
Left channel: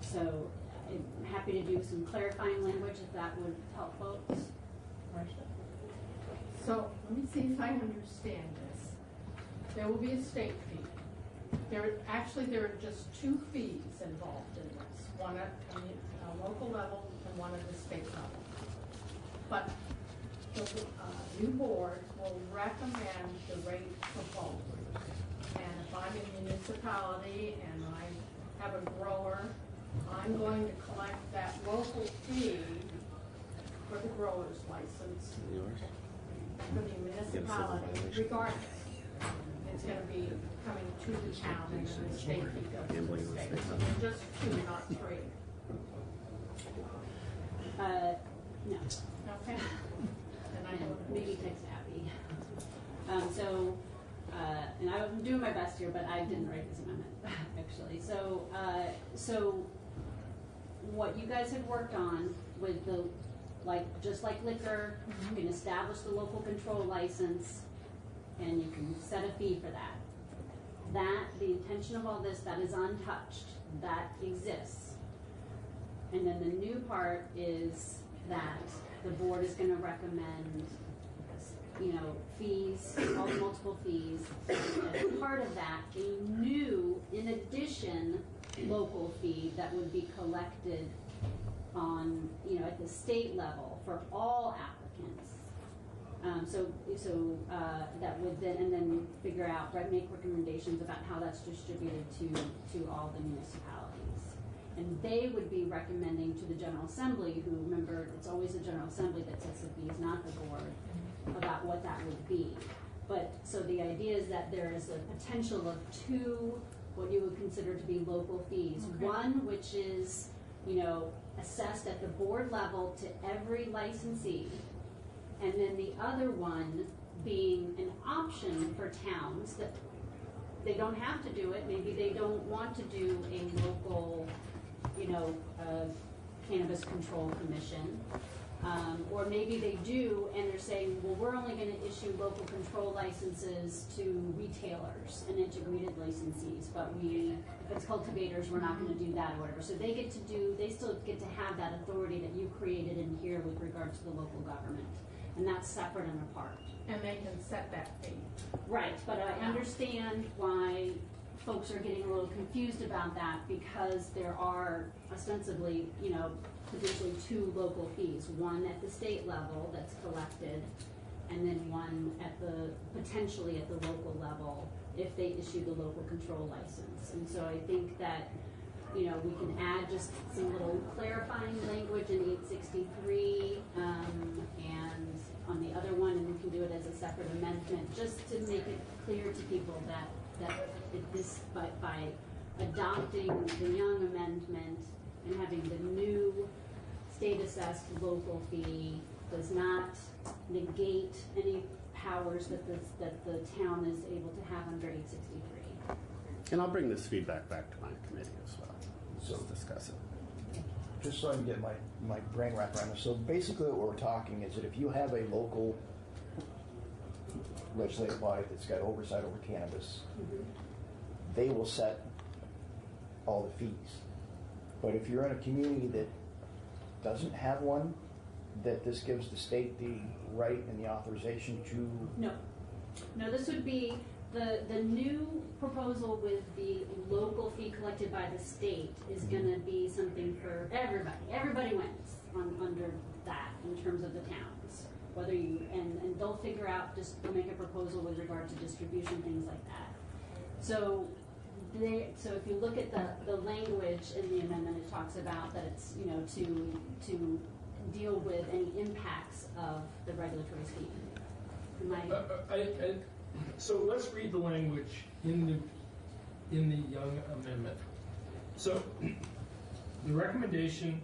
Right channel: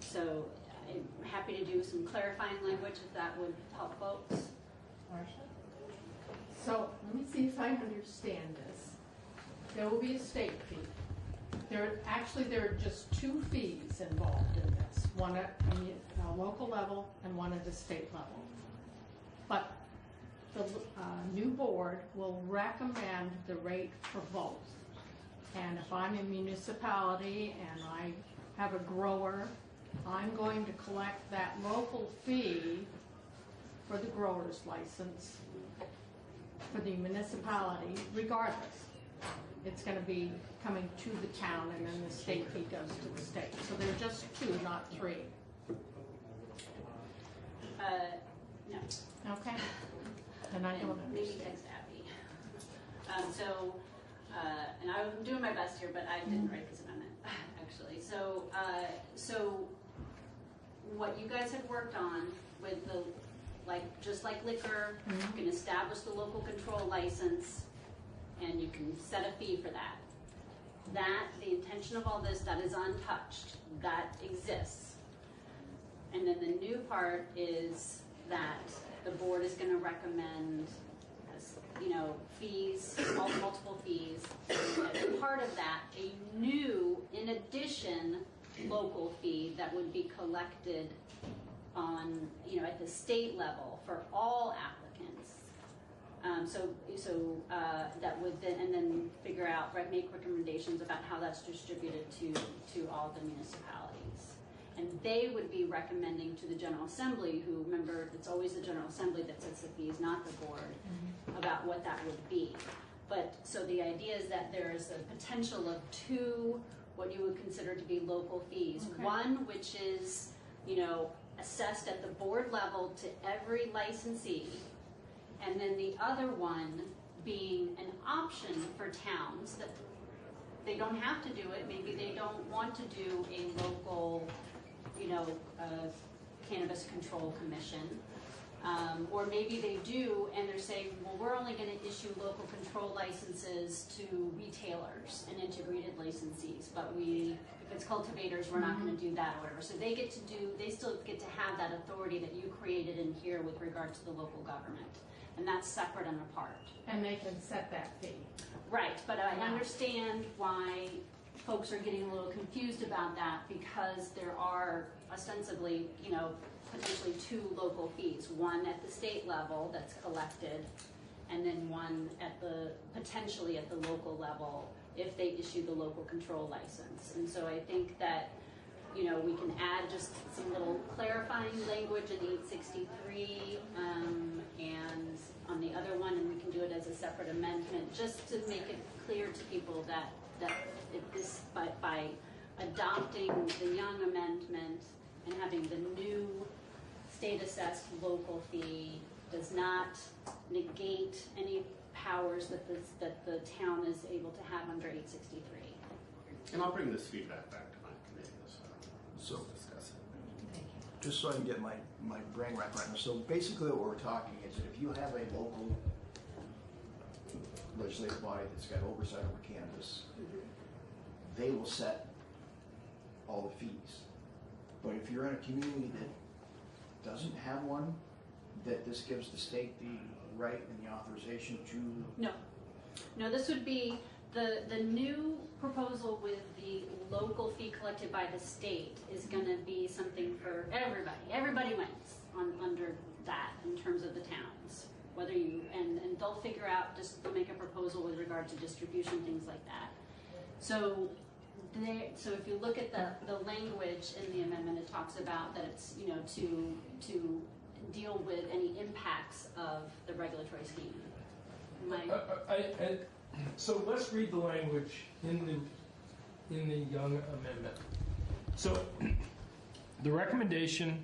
So I'm happy to do some clarifying language if that would help folks. So let me see if I understand this. There will be a state fee. There are just two fees involved in this, one at a local level and one at the state level. But the new board will recommend the rate for both. And if I'm a municipality and I have a grower, I'm going to collect that local fee for the grower's license for the municipality regardless. It's going to be coming to the town and then the state fee goes to the state. So they're just two, not three. No. Okay. And I don't maybe text Abby. And I'm doing my best here, but I didn't write this amendment actually. So what you guys have worked on with the, just like liquor, you can establish the local control license, and you can set a fee for that. The intention of all this, that is untouched, that exists. And then the new part is that the board is going to recommend, fees, multiple fees. As part of that, a new, in addition, local fee that would be collected on, at the state level for all applicants. That would then, and then figure out, make recommendations about how that's distributed to all the municipalities. And they would be recommending to the General Assembly, who, remember, it's always the General Assembly that sets the fees, not the board, about what that would be. But, so the idea is that there is a potential of two, what you would consider to be local fees. Okay. One, which is, assessed at the board level to every licensee, and then the other one being an option for towns that they don't have to do it. Maybe they don't want to do a local, cannabis control commission. Or maybe they do, and they're saying, well, we're only going to issue local control licenses to retailers and integrated licensees, but if it's cultivators, we're not going to do that or whatever. So they still get to have that authority that you created in here with regard to the local government. And that's separate and apart. And they can set that fee. Right, but I understand why folks are getting a little confused about that, because there are ostensibly, potentially two local fees. One at the state level that's collected, and then one potentially at the local level if they issue the local control license. And so I think that, we can add just some little clarifying language in 863, and on the other one, and we can do it as a separate amendment, just to make it clear to people that by adopting the Young amendment and having the new state-assessed local fee does not negate any powers that the town is able to have under 863. And I'll bring this feedback back to my committee as well. So discuss it. just so I can get my brain wrapped around this, so basically what we're talking is that if you have a local legislative body that's got oversight over cannabis, they will set all the fees. But if you're in a community that doesn't have one, that this gives the state the right and the authorization to... No, this would be the new proposal with the local fee collected by the state is going to be something for everybody. Everybody wins under that in terms of the towns. Whether you, and they'll figure out, they'll make a proposal with regard to distribution, things like that. So if you look at the language in the amendment, it talks about that it's, to deal with any impacts of the regulatory scheme. So let's read the language in the Young amendment. So the recommendation,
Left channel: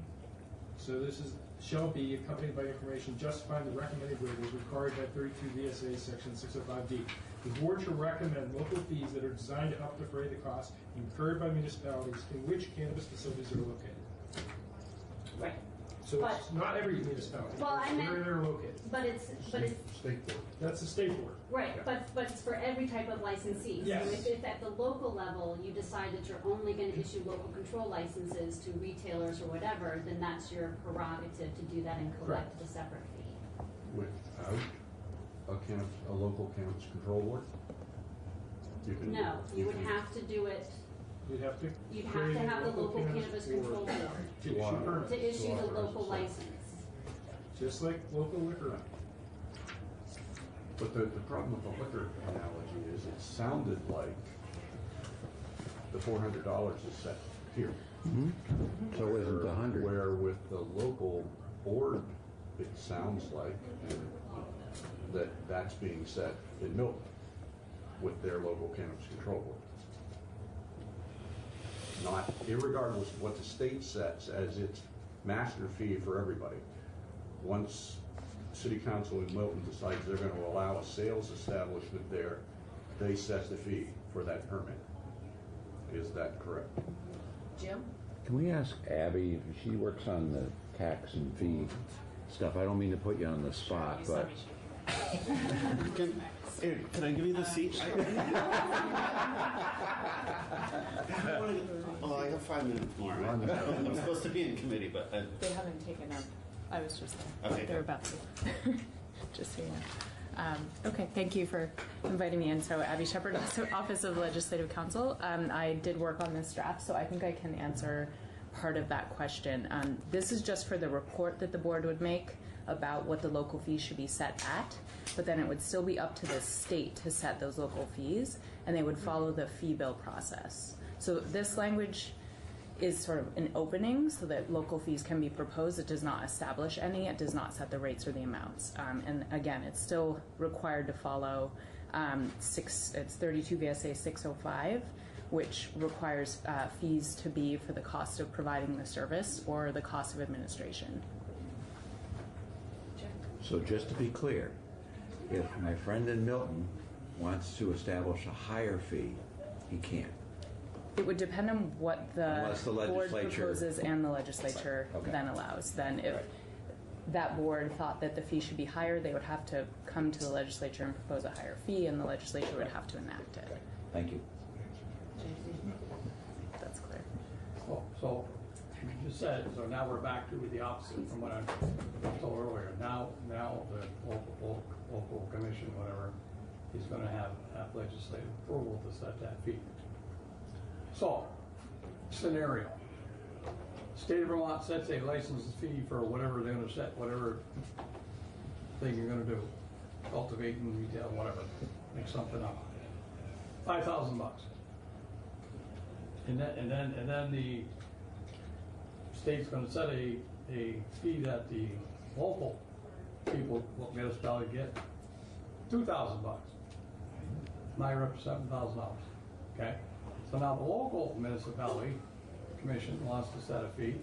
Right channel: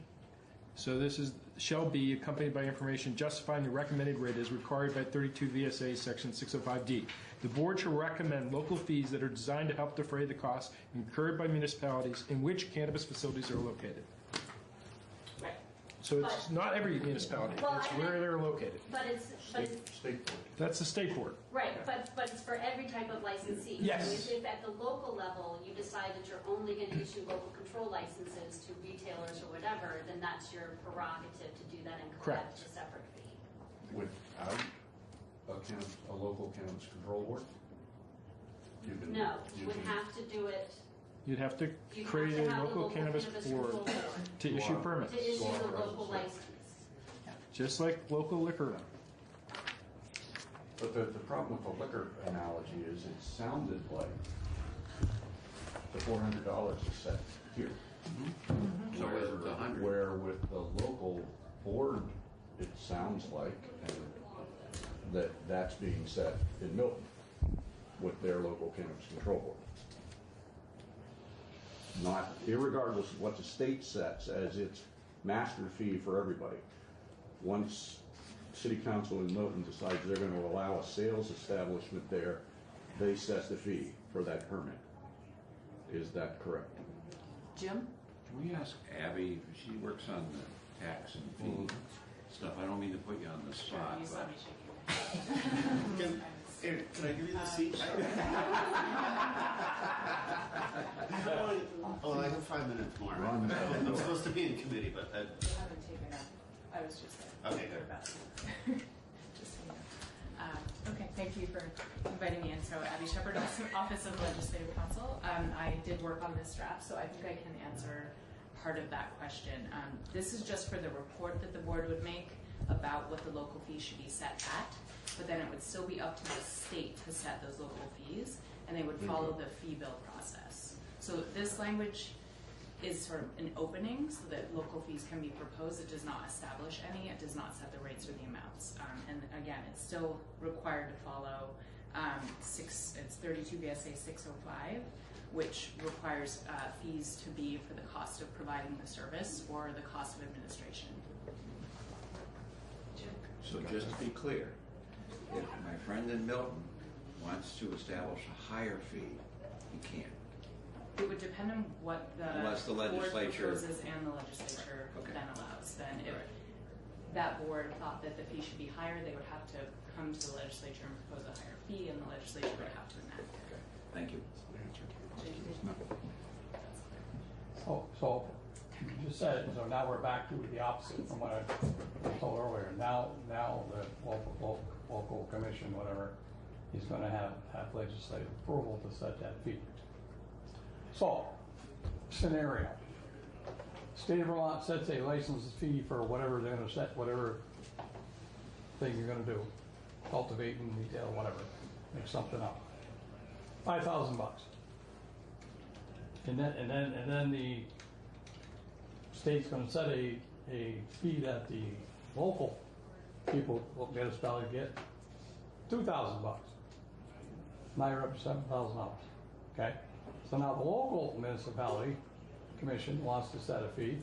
so this is, shall be accompanied by information justifying the recommended rate as required by 32 VSA section 605D. The board shall recommend local fees that are designed to help defray the costs incurred by municipalities in which cannabis facilities are located. Right. So it's not every municipality, Well, it's I where meant- they're located. But it's, State board. That's the state board. right, but it's for every type of licensee. Yes. So if at the local level, you decide that you're only gonna issue local control licenses to retailers or whatever, then that's your prerogative to do that and collect Correct. a separate fee. Without a local cannabis control board? You can- No, you would can- have to do it, You'd have to you'd have create to a have the local cannabis board control board to issue permits, to issue the local license. just like local liquor. But the problem with the liquor analogy is it sounded like the $400 is set here. So it isn't 100. Where with the local board, it sounds like that that's being set in Milton with their local cannabis control board. Not, irregardless of what the state sets as its master fee for everybody. Once City Council in Milton decides they're gonna allow a sales establishment there, they set the fee for that permit. Is that correct? Jim? Can we ask Abby, if she works on the tax and fee stuff, I don't mean to put you on the spot, but Can I give you the seat? Oh, I have 5 minutes more. Run. I'm supposed to be in committee, but They haven't taken up. I was just there. Okay. They're about to. Just so you know. Okay, thank you for inviting me in. So Abby Shepherd, Office of Legislative Counsel. I did work on this draft, so I think I can answer part of that question. This is just for the report that the board would make about what the local fees should be set at, but then it would still be up to the state to set those local fees, and they would follow the fee bill process. So this language is sort of an opening so that local fees can be proposed. It does not establish any. It does not set the rates or the amounts. And again, it's still required to follow it's 32 VSA 605, which requires fees to be for the cost of providing the service or the cost of administration. so just to be clear, if my friend in Milton wants to establish a higher fee, he can't. It would depend on what the Unless the board legislature- proposes and the legislature Okay. then allows. Then if Right. that board thought that the fee should be higher, they would have to come to the legislature and propose a higher fee, and the legislature would have to enact it. Thank you. That's clear. So you just said, so now we're back to the opposite from what I told earlier. Now the local commission, whatever, is gonna have legislative approval to set that fee. So, scenario. State of Vermont sets a license fee for whatever they're gonna set, whatever thing you're gonna do, cultivating, retail, whatever, make something up. $5,000. And then the state's gonna set a fee that the local people will municipality get, $2,000. Now you're up to $7,000, okay? So now the local municipality commission wants to set a fee,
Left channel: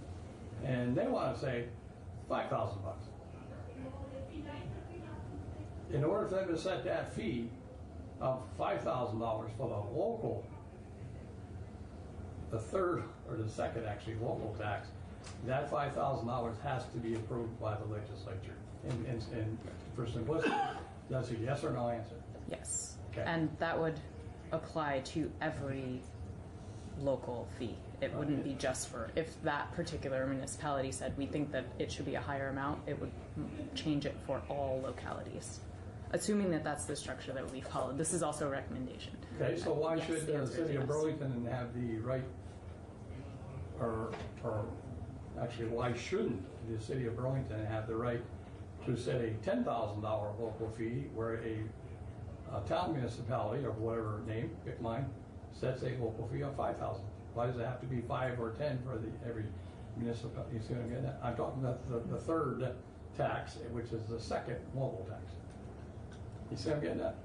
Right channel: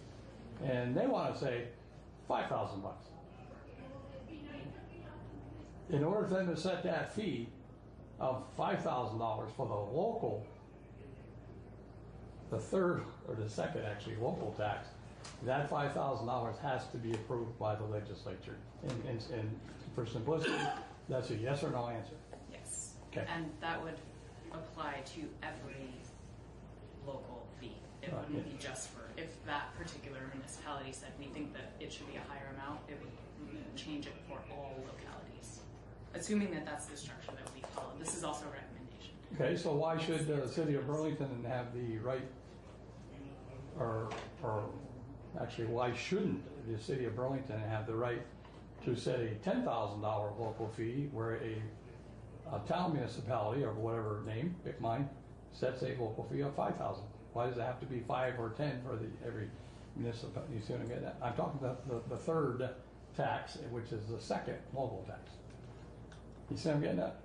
and they wanna say $5,000. In order for them to set that fee of $5,000 for the local, the third, or the second actually, local tax, that $5,000 has to be approved by the legislature. And for simplicity, that's a yes or no answer. Yes. Okay. And that would apply to every local fee. It wouldn't be just for, if that particular municipality said, we think that it should be a higher amount, it would change it for all localities. Assuming that that's the structure that we follow. This is also a recommendation. Okay, so why Yes, should the the answer city is of yes. Burlington have the right, or actually, why shouldn't the city of Burlington have the right to set a $10,000 local fee where a town municipality, or whatever name, pick mine, sets a local fee of $5,000? Why does it have to be 5 or 10 for every municipality? You see what I'm getting at? I'm talking about the third tax, which is the second local tax. You see what I'm getting at?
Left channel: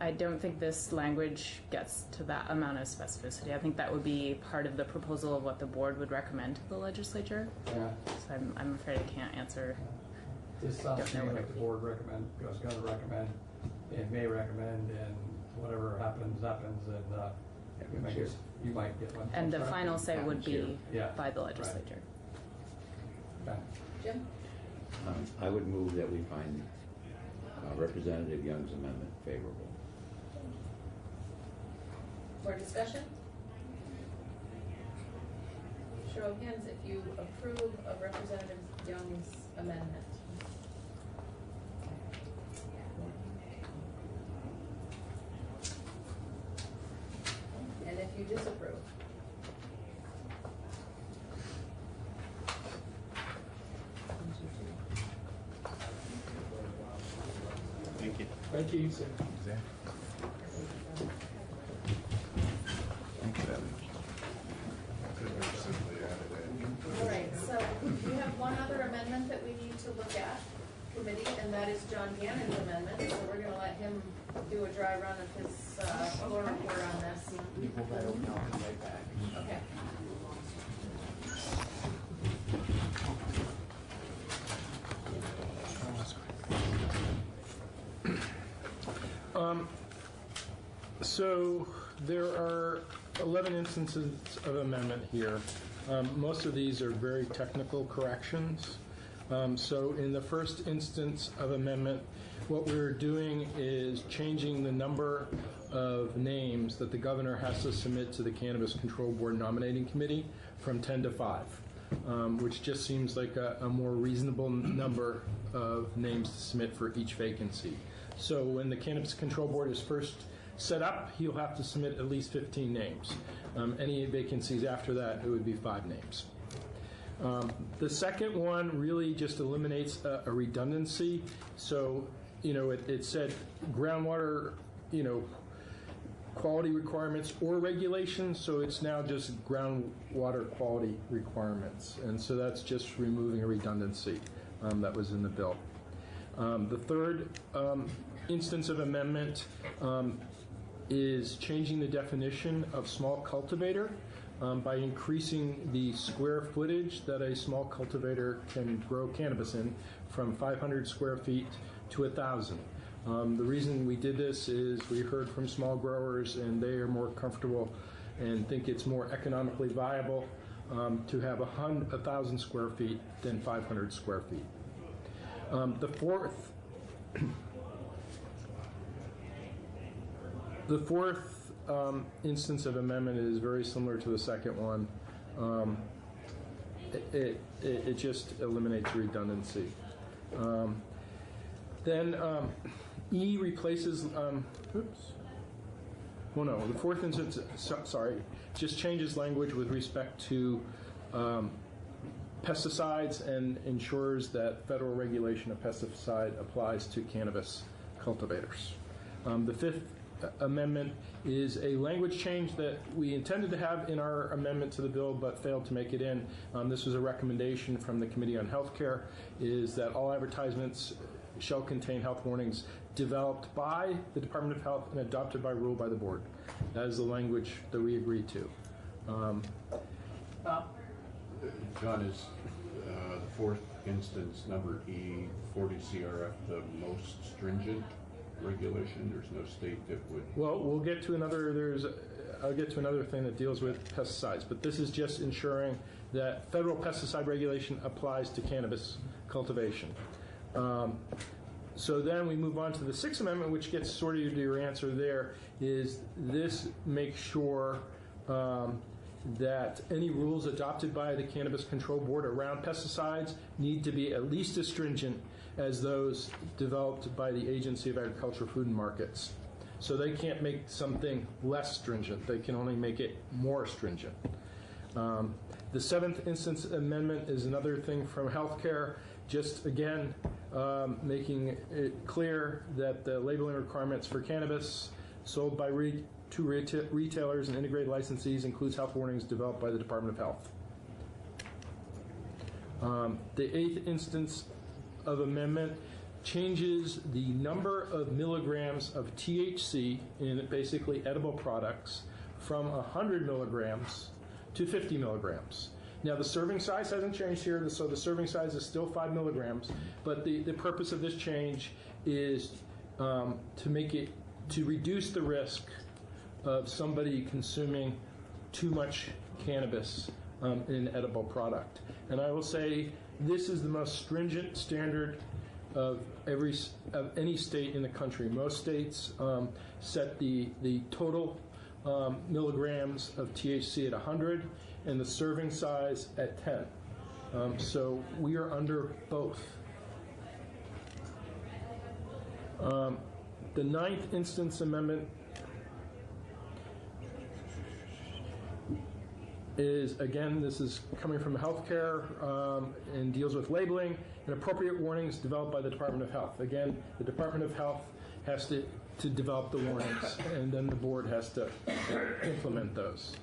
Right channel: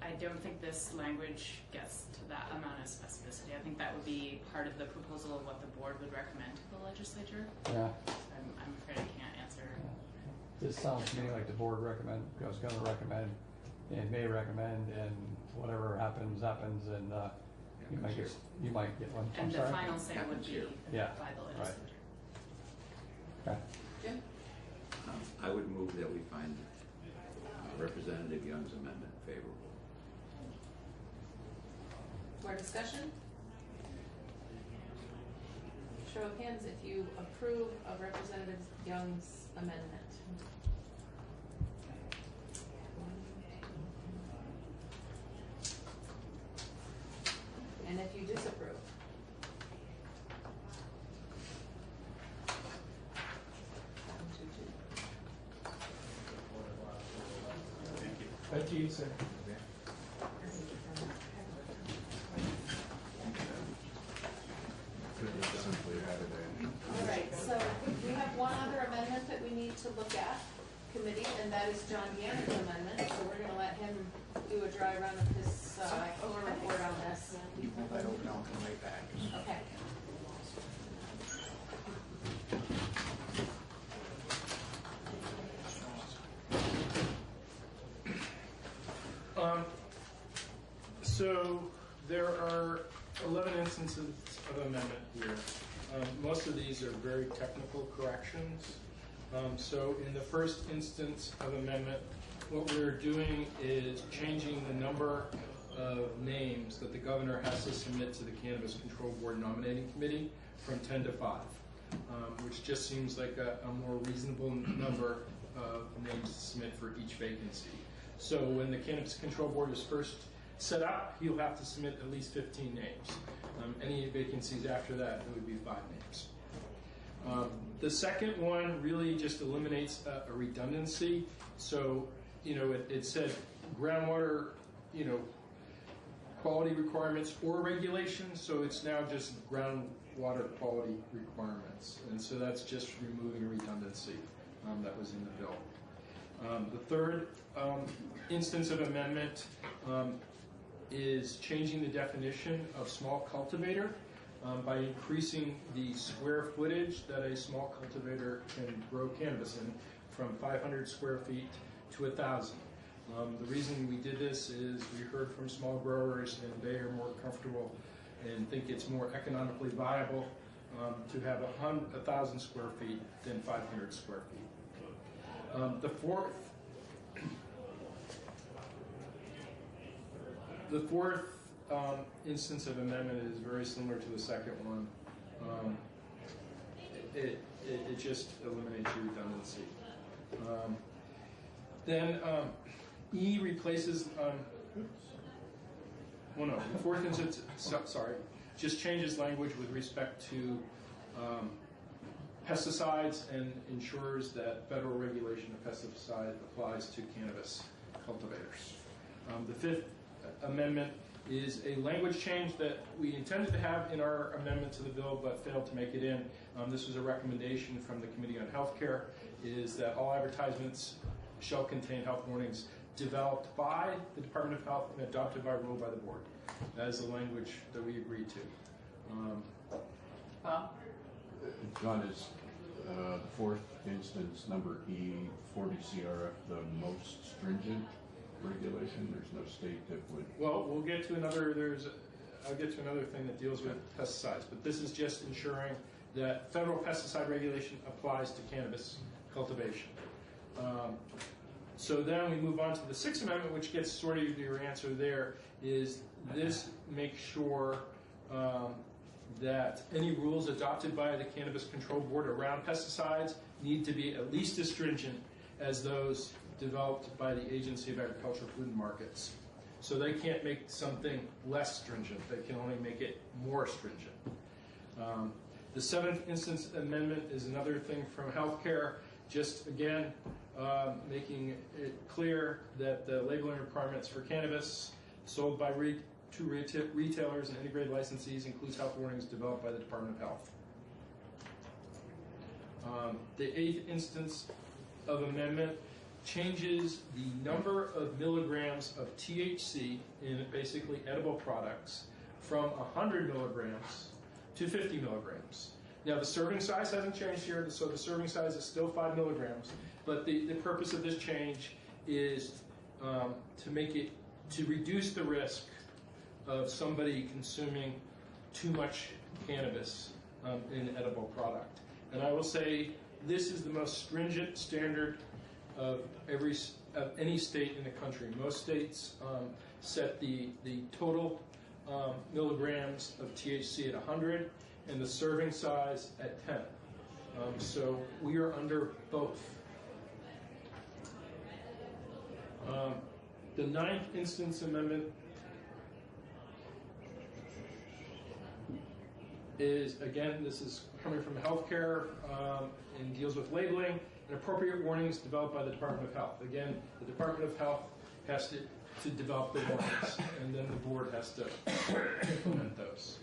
I don't think this language gets to that amount of specificity. I think that would be part of the proposal of what the board would recommend to the legislature. Yeah. So I'm afraid I can't answer. This sounds to me like the board was gonna recommend, and may recommend, and whatever happens, and I guess you might get one. And the I'm sorry. final say would be Yeah. by the legislature. Okay. Jim? I would move that we find Representative Young's amendment favorable. More discussion? Show of hands if you approve of Representative Young's amendment. And if you disapprove. Thank you. Thank you, sir. All right, so we have one other amendment that we need to look at, committee, and that is John Gannon's amendment. So we're gonna let him do a dry run of his floor report on this. You pull that open, I'll come right back. Okay. So there are 11 instances of amendment here. Most of these are very technical corrections. So in the first instance of amendment, what we're doing is changing the number of names that the governor has to submit to the Cannabis Control Board nominating committee from 10 to 5, which just seems like a more reasonable number of names to submit for each vacancy. So when the Cannabis Control Board is first set up, he'll have to submit at least 15 names. Any vacancies after that, it would be 5 names. The second one really just eliminates a redundancy. So, it said groundwater, quality requirements or regulations, so it's now just groundwater quality requirements. And so that's just removing a redundancy that was in the bill. The third instance of amendment is changing the definition of small cultivator by increasing the square footage that a small cultivator can grow cannabis in from 500 square feet to 1,000. The reason we did this is we heard from small growers and they are more comfortable and think it's more economically viable to have 1,000 square feet than 500 square feet. The fourth instance of amendment is very similar to the second one. It just eliminates redundancy. Then E replaces, the fourth instance, just changes language with respect to pesticides and ensures that federal regulation of pesticide applies to cannabis cultivators. The fifth amendment is a language change that we intended to have in our amendment to the bill but failed to make it in. This was a recommendation from the Committee on Healthcare, is that all advertisements shall contain health warnings developed by the Department of Health and adopted by rule by the board. That is the language that we agreed to. John, is the fourth instance, number E, 40 CRF, the most stringent regulation? There's no state that would... Well, we'll get to another, I'll get to another thing that deals with pesticides, but this is just ensuring that federal pesticide regulation applies to cannabis cultivation. So then we move on to the Sixth Amendment, which gets sort of to your answer there, is this makes sure that any rules adopted by the Cannabis Control Board around pesticides need to be at least as stringent as those developed by the Agency of Agriculture, Food and Markets. So they can't make something less stringent, they can only make it more stringent. The seventh instance amendment is another thing from healthcare, just again making it clear that the labeling requirements for cannabis sold by to retailers and integrated licensees includes health warnings developed by the Department of Health. The eighth instance of amendment changes the number of milligrams of THC in basically edible products from 100 milligrams to 50 milligrams. Now the serving size hasn't changed here, so the serving size is still 5 milligrams, but the purpose of this change is to reduce the risk of somebody consuming too much cannabis in edible product. And I will say, this is the most stringent standard of any state in the country. Most states set the total milligrams of THC at 100 and the serving size at 10. So we are under both. The 9th Instance Amendment is, again, this is coming from healthcare and deals with labeling and appropriate warnings developed by the Department of Health. Again, the Department of Health has to develop the warnings, and then the board has to implement those.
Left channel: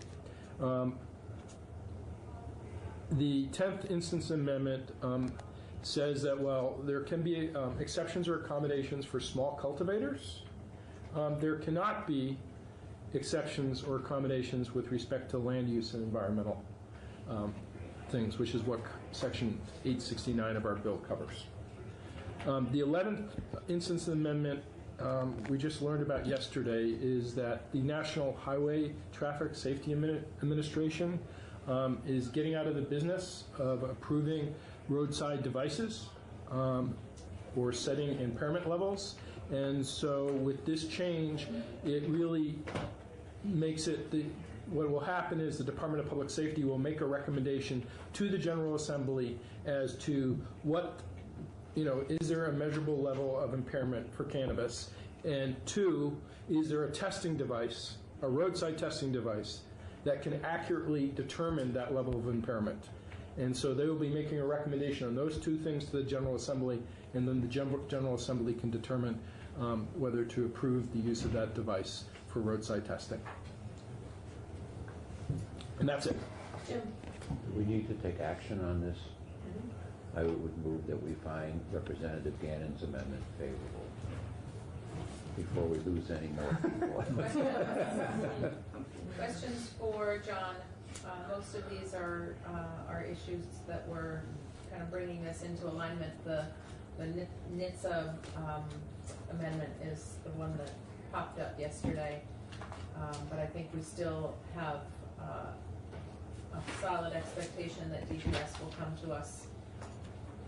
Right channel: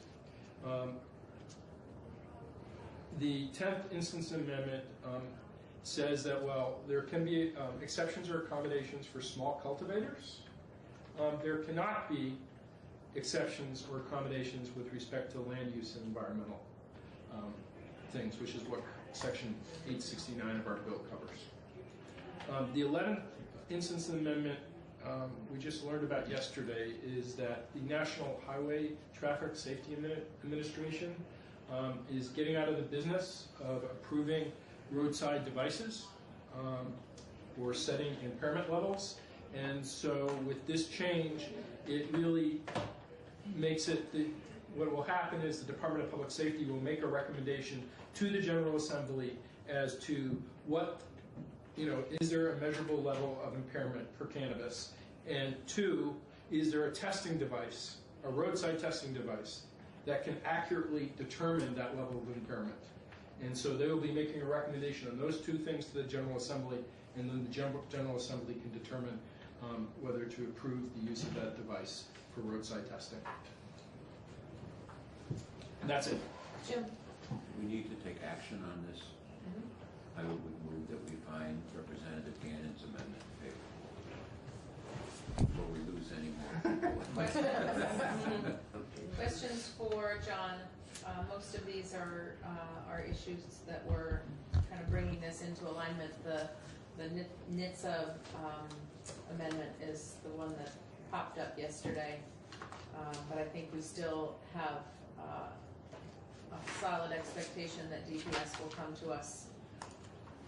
The 10th Instance Amendment says that, well, there can be exceptions or accommodations for small cultivators. There cannot be exceptions or accommodations with respect to land use and environmental things, which is what Section 869 of our bill covers. The 11th Instance Amendment we just learned about yesterday is that the National Highway Traffic Safety Administration is getting out of the business of approving roadside devices or setting impairment levels. And so with this change, it really makes it, what will happen is the Department of Public Safety will make a recommendation to the General Assembly as to what, is there a measurable level of impairment for cannabis? And 2, is there a testing device, a roadside testing device, that can accurately determine that level of impairment? And so they will be making a recommendation on those 2 things to the General Assembly, and then the General Assembly can determine whether to approve the use of that device for roadside testing. And that's it. Jim? We need to take action on this. I would move that we find Representative Gannon's amendment favorable before we lose any more people. Questions for John? Most of these are issues that we're kind of bringing this into alignment. The NHTSA amendment is the one that popped up yesterday, but I think we still have a solid expectation that DPS will come to us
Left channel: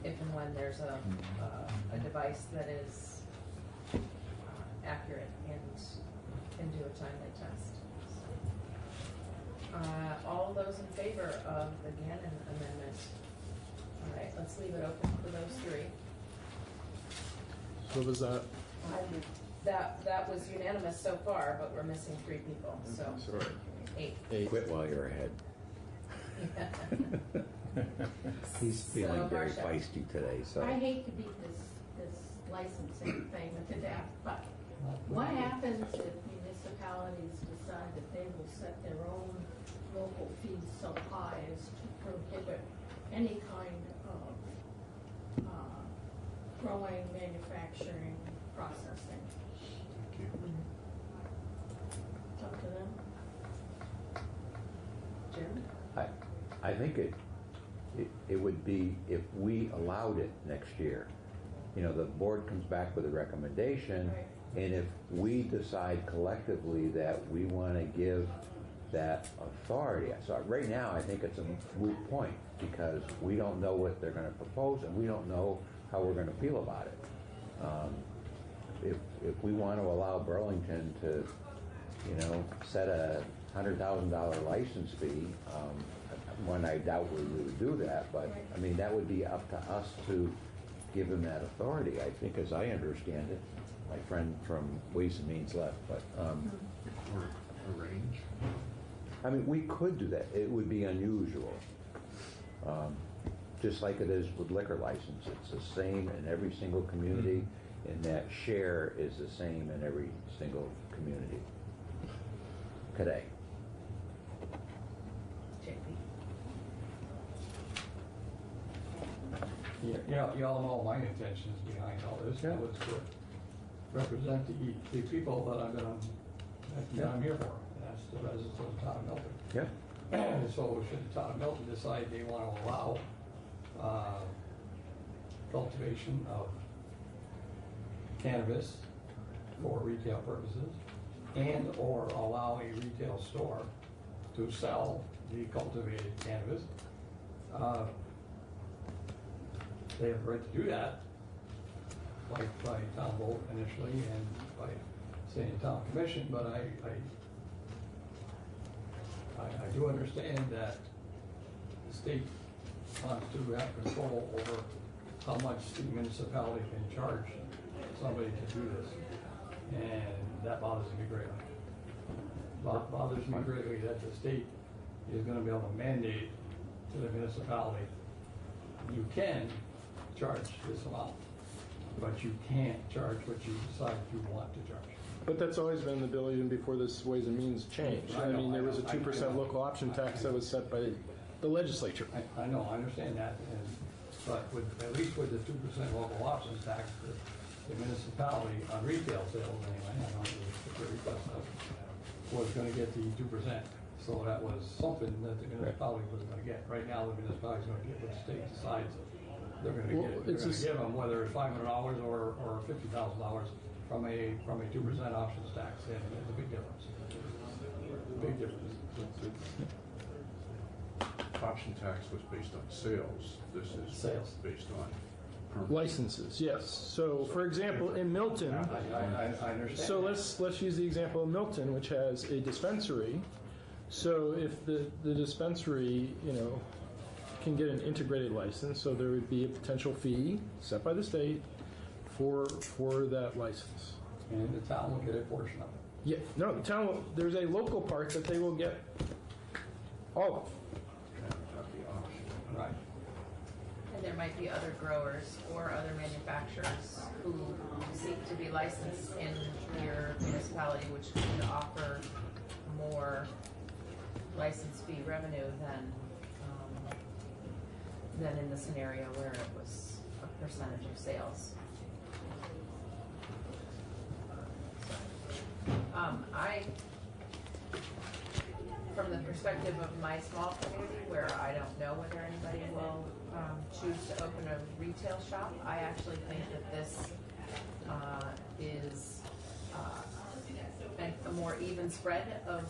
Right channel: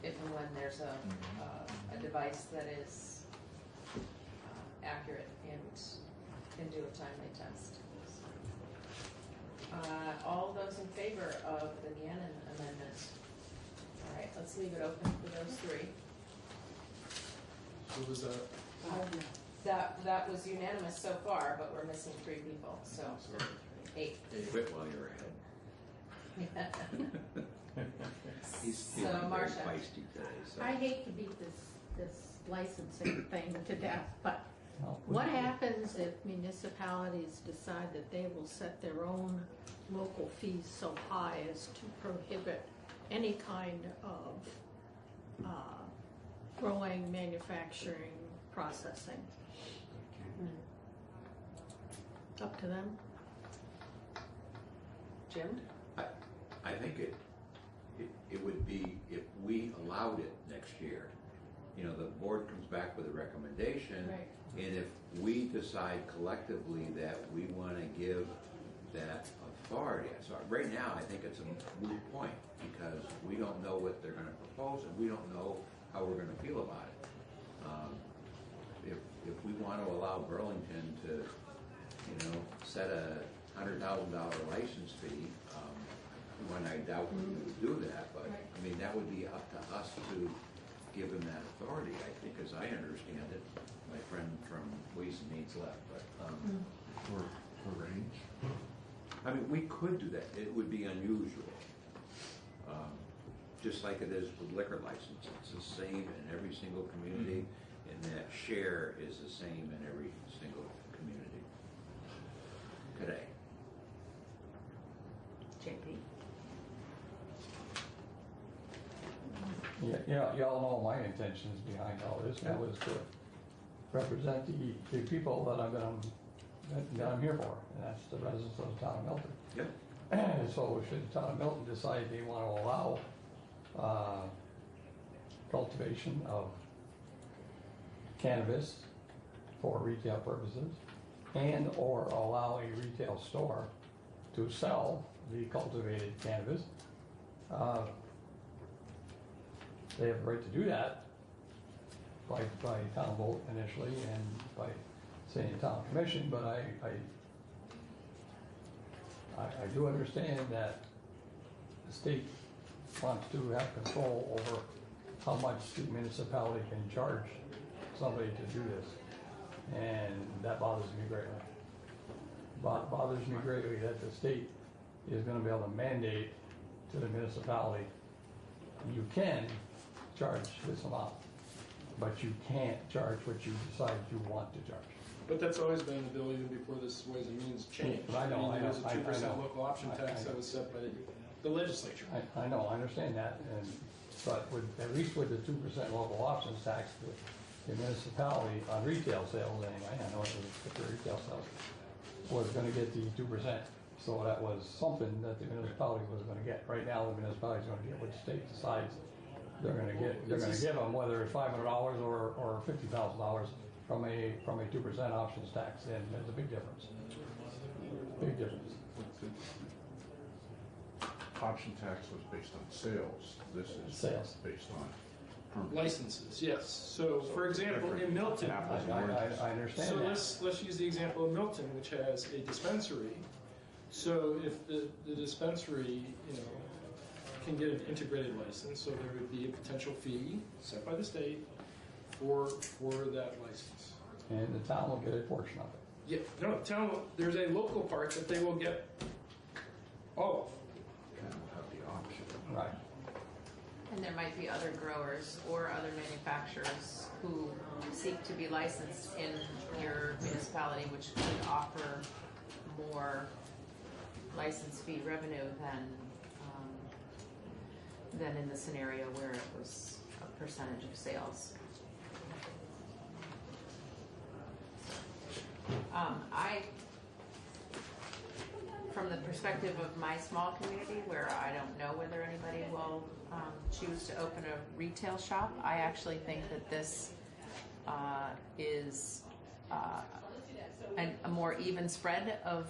if and when there's a device that is accurate and can do a timely test. All those in favor of the Gannon amendment? All right, let's leave it open for those 3. So was that? That was unanimous so far, but we're missing 3 people, so 8. Quit while you're ahead. He's So, feeling very Marcia. feisty today, so. I hate to beat this licensing thing to death, but what happens if municipalities decide that they will set their own local fees so high as to prohibit any kind of growing, manufacturing, processing? Up to them. Jim? I think it would be, if we allowed it next year, the board comes back with a recommendation, Right. and if we decide collectively that we want to give that authority, so right now I think it's a moot point, because we don't know what they're going to propose, and we don't know how we're going to feel about it. If we want to allow Burlington to, set a $100,000 license fee, one, I doubt we would do that, but I mean, that would be up to us to give him that authority. I think, as I understand it, my friend from Ways and Means left, but Or range. I mean, we could do that. It would be unusual. Just like it is with liquor license. It's the same in every single community, and that share is the same in every single community today. JP? Y'all know my intentions behind all this. That was to represent the people that I'm here for, and that's the residents of the town of Milton. Yeah. So should the town of Milton decide they want to allow cultivation of cannabis for retail purposes, and or allow a retail store to sell the cultivated cannabis, they have the right to do that by town vote initially and by saying town commission, but I do understand that the state wants to have control over how much the municipality can charge somebody to do this. And that bothers me greatly. Bothers me greatly that the state is gonna be able to mandate to the municipality, you can charge this amount, but you can't charge what you decide you want to charge. But that's always been the bill even before this Ways and Means changed. I know, mean, there I was a know, 2% I know. local option tax that was set by the legislature. I know, I understand that, but at least with the 2% local options tax, the municipality, on retail sales anyway, I know it was the retail stuff, was gonna get the 2%. So that was something that the municipality was gonna get. Right now, the municipality's gonna get what the state decides they're gonna Well, get. They're it's gonna give them whether it's $500 or $50,000 from a 2% options tax, and there's a big difference. Big difference. Option tax was based on sales. This is Sales. based on permits. Licenses, yes. So, for example, in Milton, I understand so that. let's use the example of Milton, which has a dispensary. So if the dispensary, can get an integrated license, so there would be a potential fee set by the state for that license. And the town will get a portion of it. Yeah, no, the town will, there's a local part that they will get all Right. And there might be other growers or other manufacturers who seek to be licensed in your municipality, which could offer more license fee revenue than in the scenario where it was a percentage of sales. From the perspective of my small community, where I don't know whether anybody will choose to open a retail shop, I actually think that this is a more even spread of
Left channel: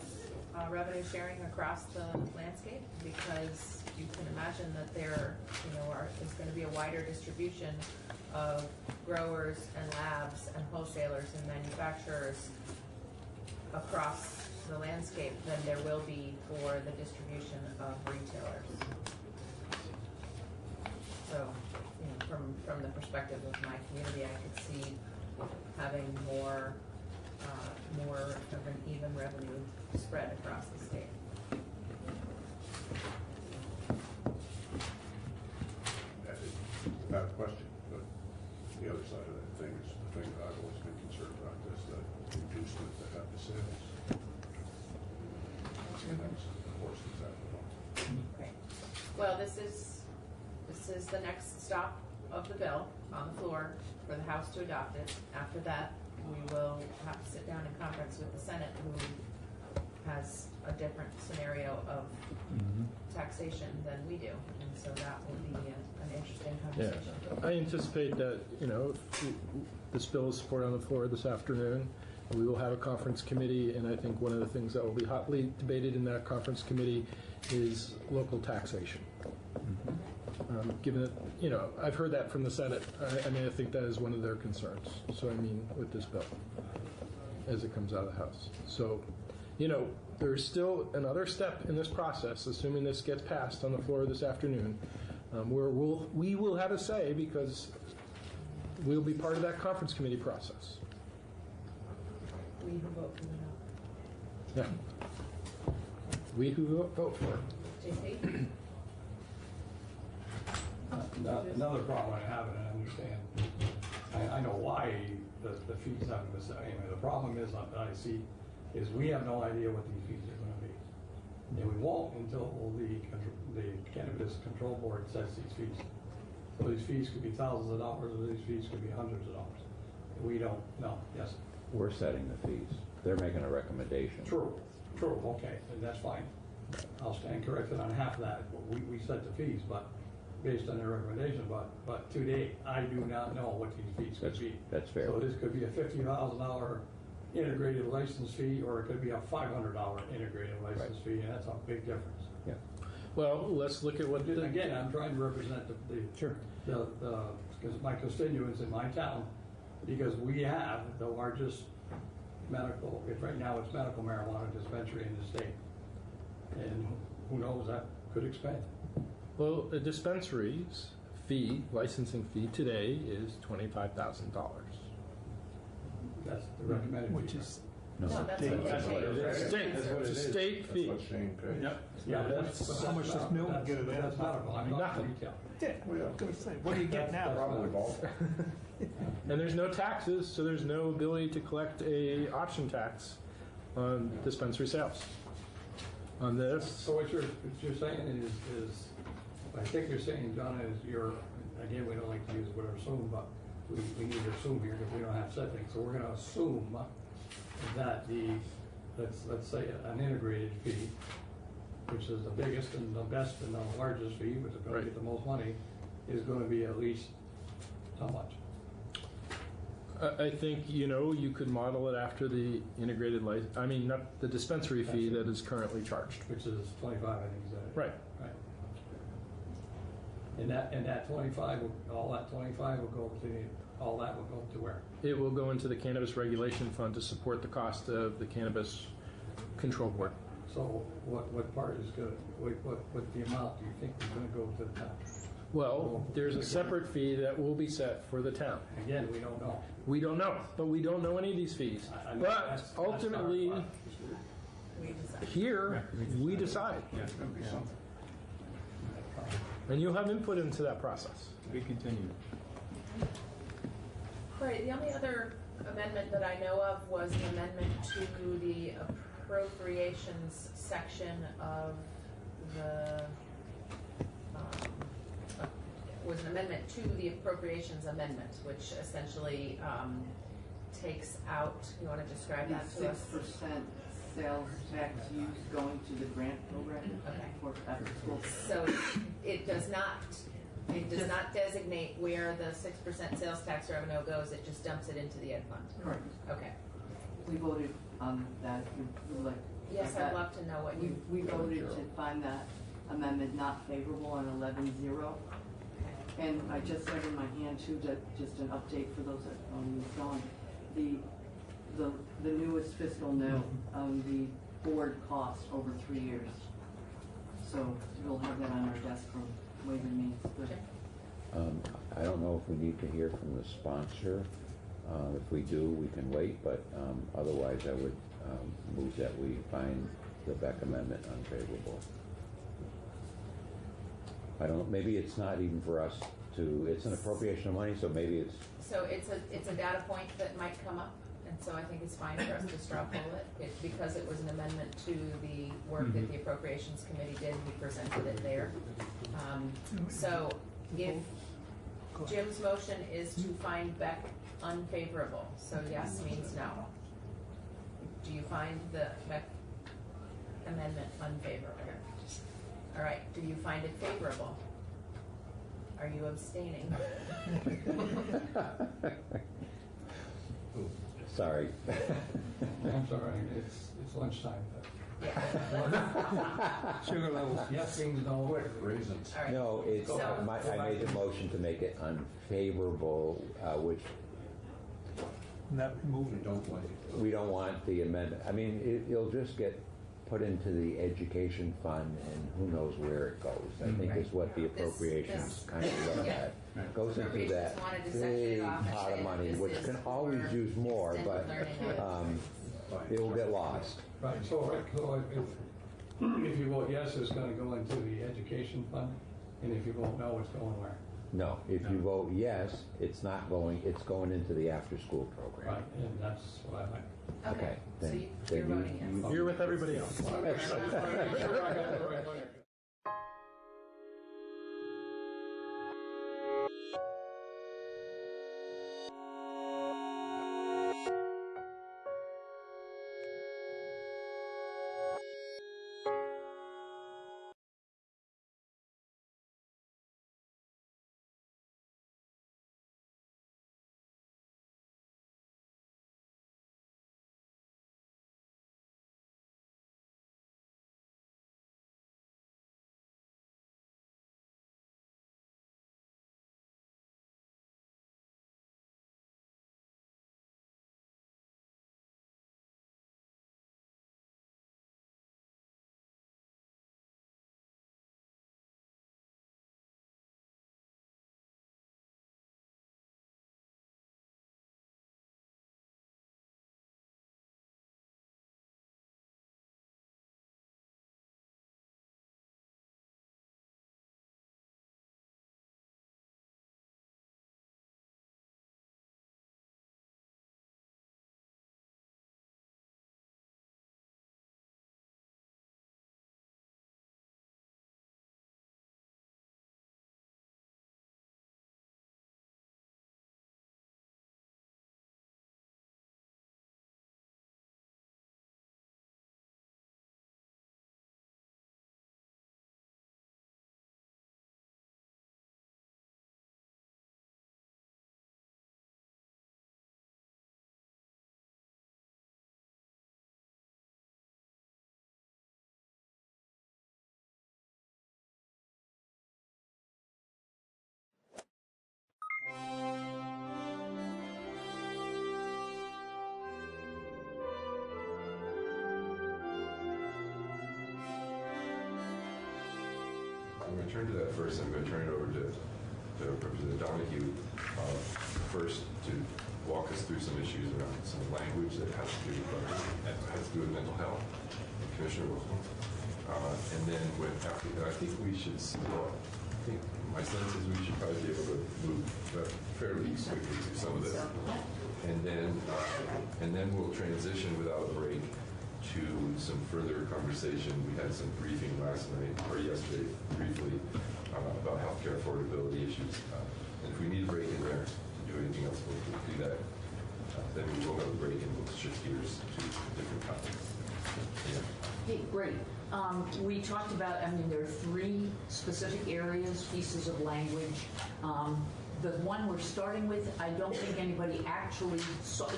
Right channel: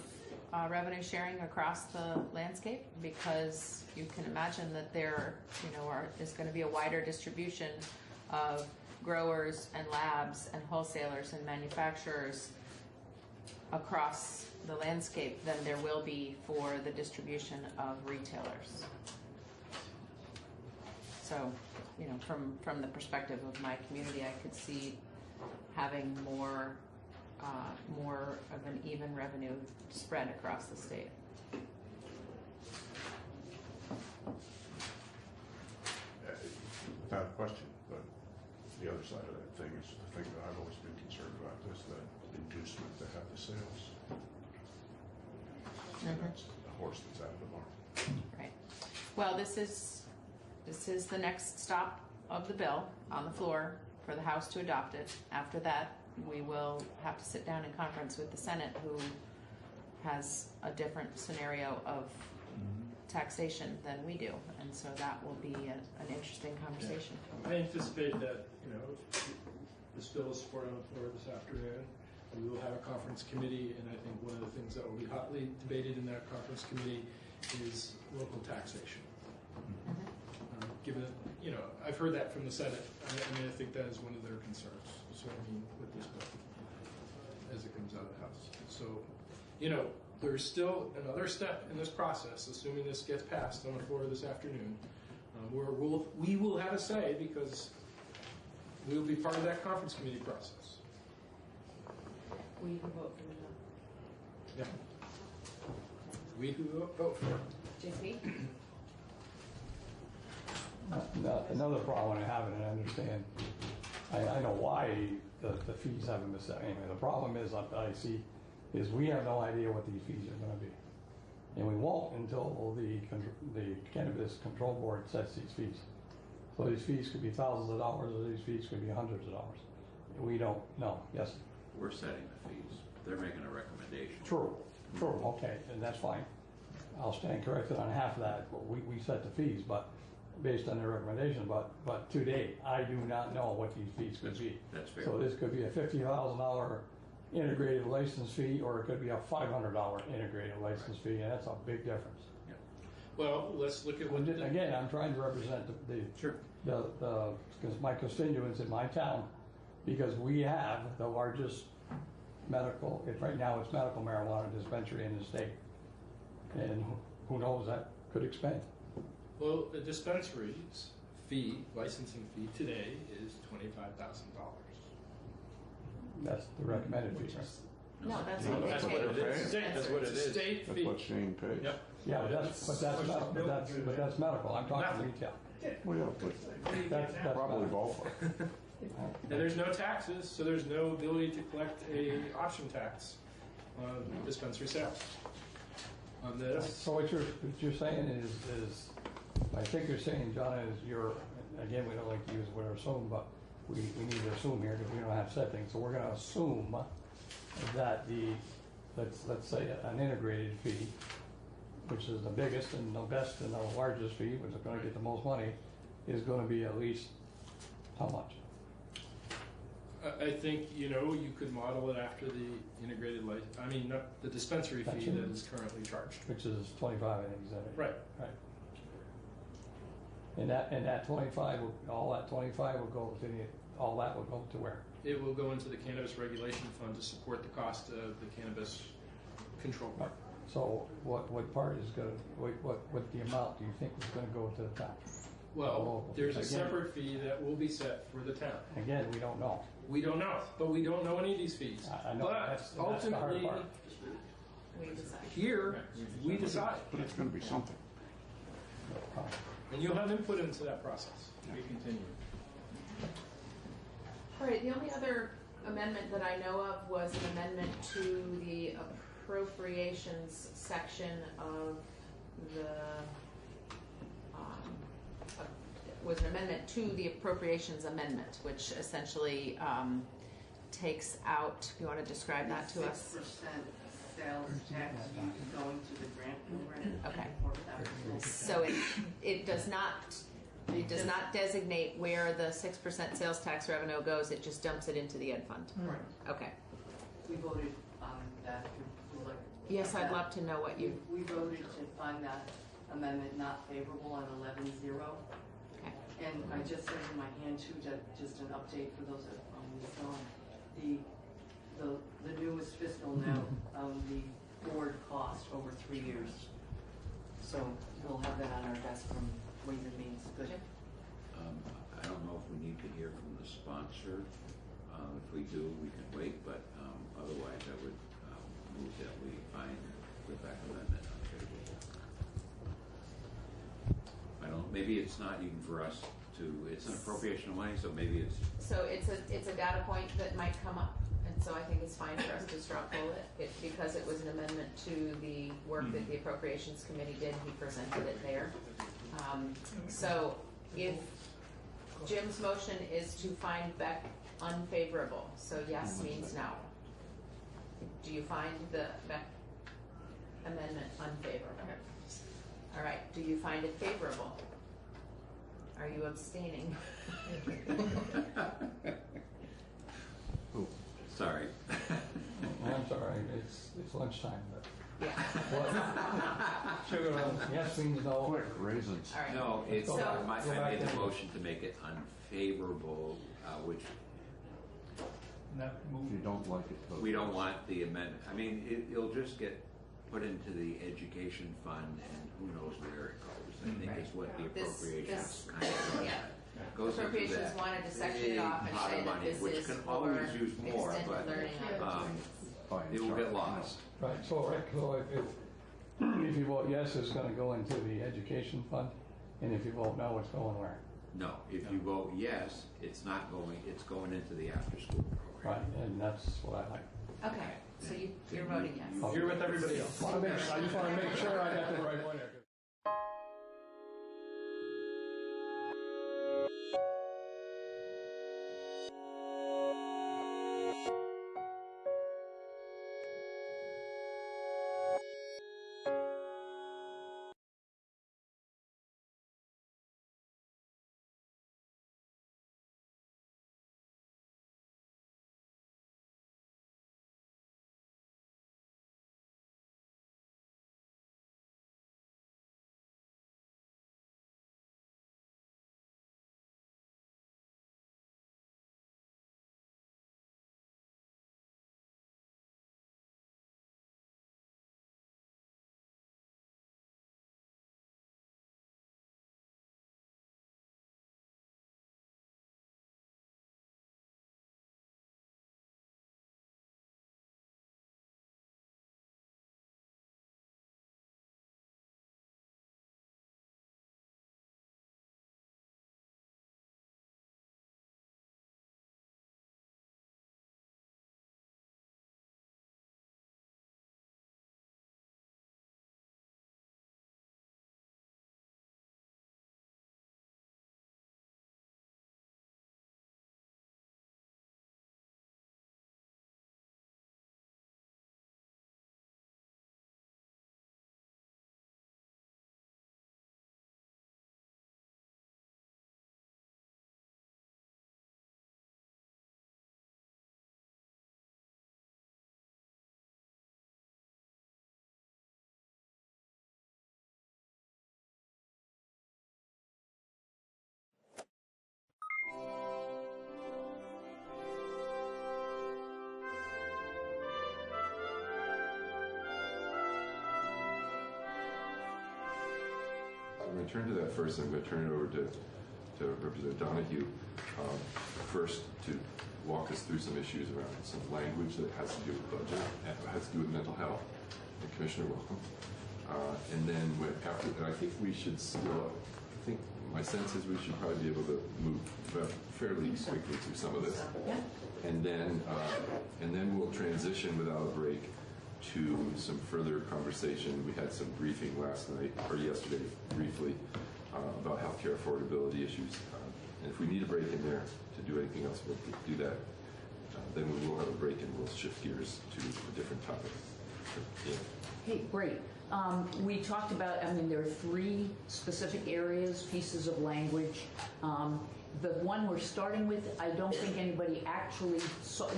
revenue sharing across the landscape, because you can imagine that there is going to be a wider distribution of growers and labs and wholesalers and manufacturers across the landscape than there will be for the distribution of retailers. So, from the perspective of my community, I could see having more of an even revenue spread across the state. I have a question, but the other side of that thing is the thing that I've always been concerned about, is the inducement that have the sales. That's the horse that's out of the barn. Right. Well, this is the next stop of the bill on the floor for the House to adopt it. After that, we will have to sit down in conference with the Senate, who has a different scenario of taxation than we do, and so that will be an interesting conversation. I anticipate that, if this bill is supported on the floor this afternoon, we will have a conference committee, and I think one of the things that will be hotly debated in that conference committee is local taxation. Given that, I've heard that from the Senate, I think that is one of their concerns. So, with this bill, as it comes out of the House. So, there's still another step in this process, assuming this gets passed on the floor this afternoon, where we will have a say, because we'll be part of that conference committee process. We who vote for Yeah. We who vote for it. JP? Another problem I have, and I understand, I know why the fees haven't been set. Anyway, the problem is, that I see, is we have no idea what these fees are gonna be. And we won't until the Cannabis Control Board sets these fees. So these fees could be thousands of dollars, or these fees could be hundreds of dollars. We don't know. Yes? We're setting the fees. They're making a recommendation. True, okay, and that's fine. I'll stand corrected on half of that, but we set the fees, but based on their recommendation, but to date, I do not know what these fees could be. That's fair. So this could be a $50,000 integrated license fee, or it could be a $500 integrated license fee, and that's a big difference. Yeah. Well, let's look at what Again, I'm trying to represent because my constituents in my town, because we have the largest medical, right now it's medical marijuana dispensary in the state. And who knows, that could expand. Well, a dispensary's licensing fee today is $25,000. That's the recommended fee. Which is No, that's That's what it is. That's what it It's a is. state That's fee. what Shane paid. Yep. Yeah, but that's medical, I'm talking Nothing. retail. Well, yeah, What do you get now? probably ballpark. And there's no taxes, so there's no ability to collect a option tax on dispensary sales. On this, So what you're saying is, I think you're saying, John, is again, we don't like to use the word assume, but we need to assume here because we don't have set things. So we're gonna assume that let's say an integrated fee, which is the biggest and the best and the largest fee, which is gonna get the most money, is gonna be at least how much? I think, you could model it after the integrated not the dispensary fee that is currently charged. Which is 25, I think, is that it? Right. Right. And that 25, all that 25 will go all that will go to where? It will go into the Cannabis Regulation Fund to support the cost of the Cannabis Control Board. So what part is gonna, what the amount do you think is gonna go to the town? Well, there's a separate fee that will be set for the town. Again, we don't know. We don't know, but we don't know any of these fees. I know But that's the hard ultimately, part. here, we decide. It's gonna be something. And you'll have input into that process. We continue. All right, the only other amendment that I know of was an amendment to the appropriations section of the, was an amendment to the appropriations amendment, which essentially takes out, you want to describe that to us? 6% sales tax used going to the grant program. Okay. For better schools. So it does not designate where the 6% sales tax revenue goes, it just dumps it into the ed fund? Right. Okay. We voted on that, we like. Yes, I'd love to know what you. We voted to find that amendment not favorable on 11-0. And I just have in my hand too, just an update for those that don't, the newest fiscal note of the board cost over 3 years. So we'll have that on our desk from Ways and Means. Good. I don't know if we need to hear from the sponsor. If we do, we can wait, but otherwise I would move that we find the Beck amendment unfavorable. Maybe it's not even for us it's an appropriation of money, so maybe it's. So it's a data point that might come up, and so I think it's fine for us to straw poll it because it was an amendment to the work that the Appropriations Committee did. He presented it there. So if Jim's motion is to find Beck unfavorable, so yes means no. Do you find the Beck amendment unfavorable? All right, do you find it favorable? Are you abstaining? Sorry. I'm sorry, it's lunchtime. Sugar levels, yes means no. Quick raisins. All right. No, it's, So- I made the motion to make it unfavorable, which That move. You don't like it. we don't want the amendment. I mean, it'll just get put into the education fund and who knows where it goes. I think is what the appropriations kind of look at. Goes into Appropriations that wanted to section it big off and pot say of that money, this which is can for always use more, extended but learning. it will get lost. Right, so if you vote yes, it's gonna go into the education fund, and if you vote no, it's going where? No, if you vote yes, it's not going, it's going into the after-school program. Right, and that's what I like. Okay, so Then- you're then voting yes. You're with everybody else. I just wanna make sure I have the right one. going to turn to that first. I'm going to turn it over to Representative Donahue first to walk us through some issues around some language that has to do with mental health. Commissioner, welcome. And then after that, I think we should. I think my sense is we should probably be able to move fairly quickly through some of this, and then we'll transition without a break to some further conversation. We had some briefing last night or yesterday, briefly, about healthcare affordability issues. And if we need a break in there to do anything else, we'll do that. Then we will have a break and we'll shift gears to a different topic. Yeah. Hey, great. We talked about, there are 3 specific areas, pieces of language. The one we're starting with, I don't think anybody actually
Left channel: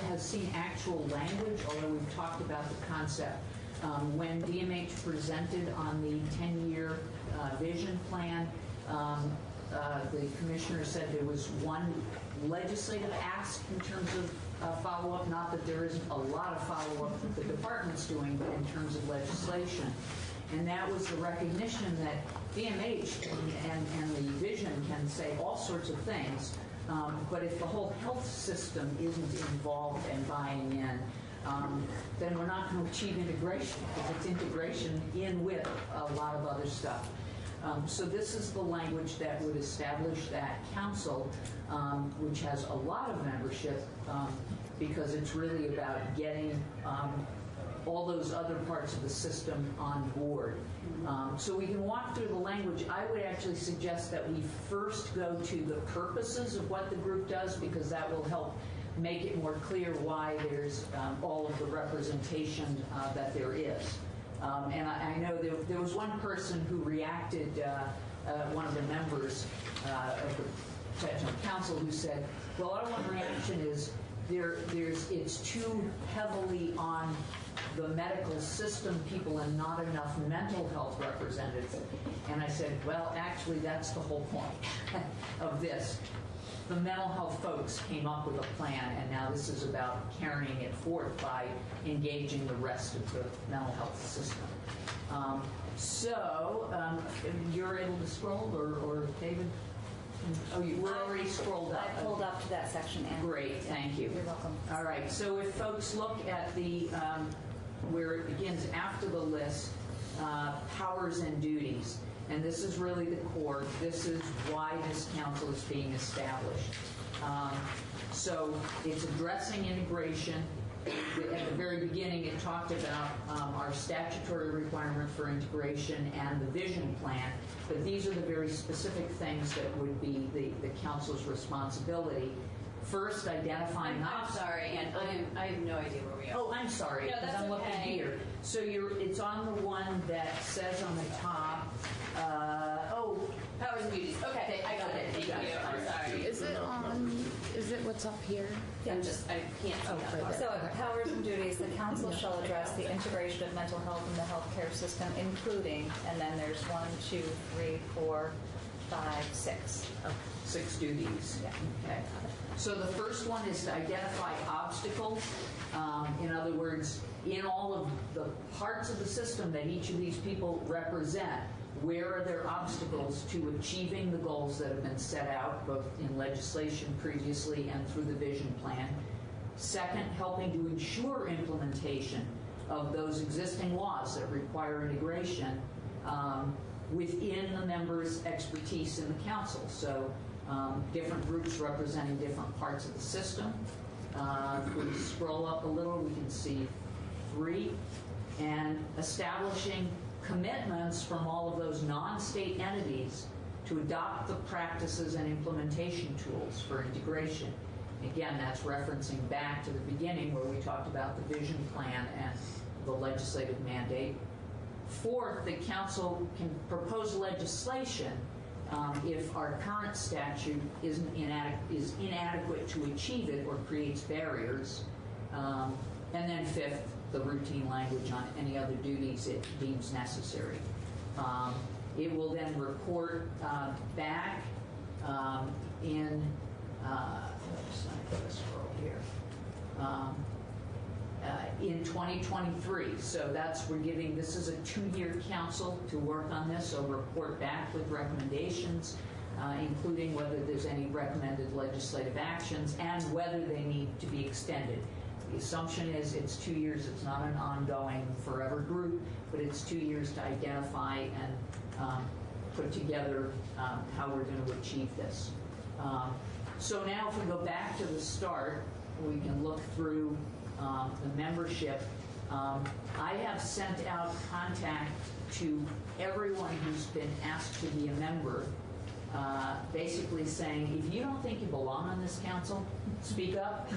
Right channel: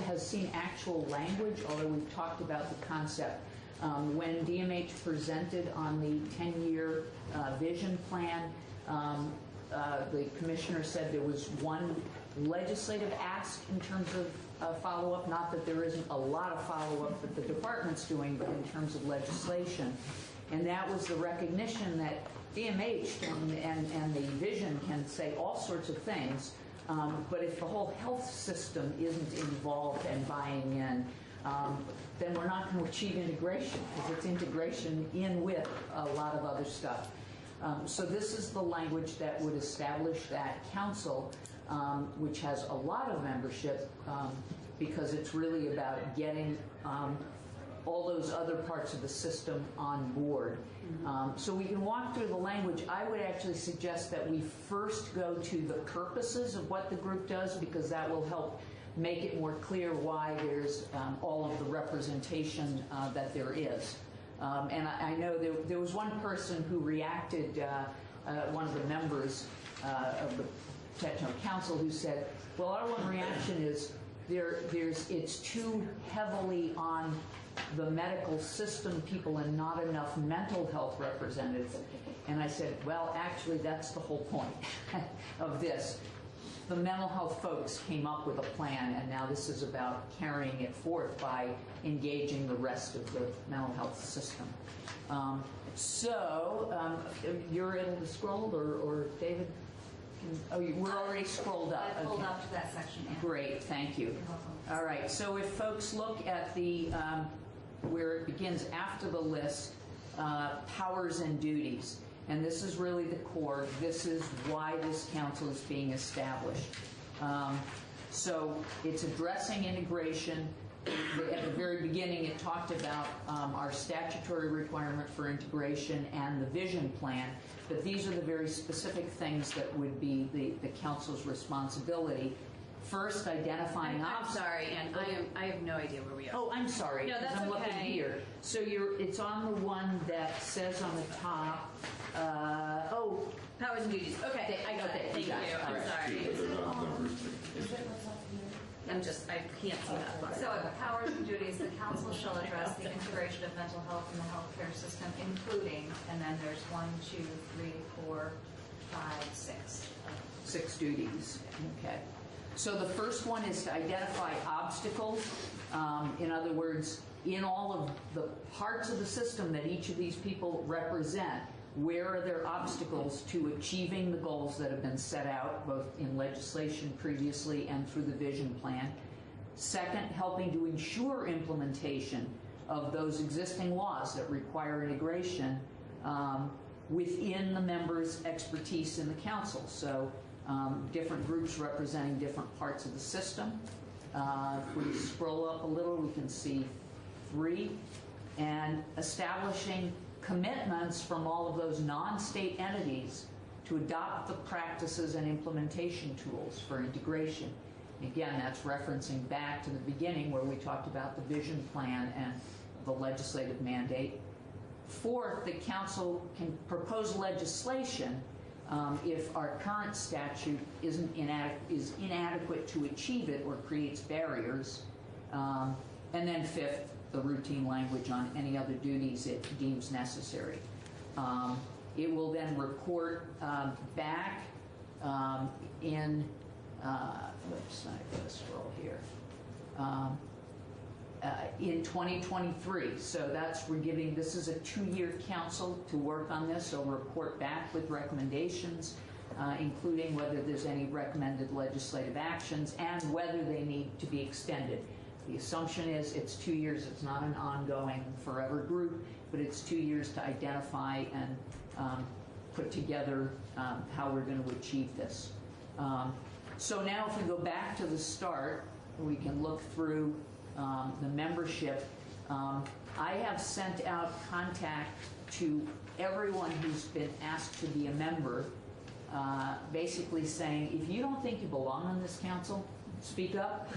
has seen actual language, although we've talked about the concept. When DMH presented on the 10-year vision plan, the commissioner said there was one legislative ask in terms of follow-up, not that there isn't a lot of follow-up that the department's doing, but in terms of legislation. And that was the recognition that DMH and the vision can say all sorts of things, but if the whole health system isn't involved and buying in, then we're not going to achieve integration, because it's integration in with a lot of other stuff. So this is the language that would establish that council, which has a lot of membership, because it's really about getting all those other parts of the system on board. So we can walk through the language. I would actually suggest that we first go to the purposes of what the group does, because that will help make it more clear why there's all of the representation that there is. And I know there was one person who reacted, one of the members of the Technical Council, who said, well, our one reaction is it's too heavily on the medical system people and not enough mental health representatives. And I said, well, actually, that's the whole point of this. The mental health folks came up with a plan, and now this is about carrying it forth by engaging the rest of the mental health system. You're able to scroll, or David? We're already scrolled up. I pulled up to that section. Anne. Great, thank you. You're welcome. All right, so if folks look at the where it begins after the list, powers and duties, and this is really the core. This is why this council is being established. So it's addressing integration. At the very beginning, it talked about our statutory requirement for integration and the vision plan, but these are the very specific things that would be the council's responsibility. First, identifying I'm sorry, and I have no idea where we are. Oh, I'm sorry, No, because that's I'm looking okay. here. So it's on the one that says on the top, powers and duties. Okay, I got it. Thank you. I'm sorry. Is it what's up here? I can't see that far. So, powers and duties, the council shall address the integration of mental health in the healthcare system, including, and then there's 1, 2, 3, 4, 5, 6. 6 duties. Okay. So the first one is to identify obstacles. In other words, in all of the parts of the system that each of these people represent, where are there obstacles to achieving the goals that have been set out, both in legislation previously and through the vision plan? Second, helping to ensure implementation of those existing laws that require integration within the members' expertise in the council. So different groups representing different parts of the system. If we scroll up a little, we can see 3. And establishing commitments from all of those non-state entities to adopt the practices and implementation tools for integration. Again, that's referencing back to the beginning where we talked about the vision plan and the legislative mandate. Fourth, the council can propose legislation if our current statute is inadequate to achieve it or creates barriers. And then fifth, the routine language on any other duties it deems necessary. It will then report back in, I'm just going to scroll here. in 2023. So we're giving, this is a 2-year council to work on this, so report back with recommendations, including whether there's any recommended legislative actions and whether they need to be extended. The assumption is it's 2 years, it's not an ongoing forever group, but it's 2 years to identify and put together how we're going to achieve this. So now if we go back to the start, we can look through the membership. I have sent out contact to everyone who's been asked to be a member, basically saying, if you don't think you belong on this council, speak up.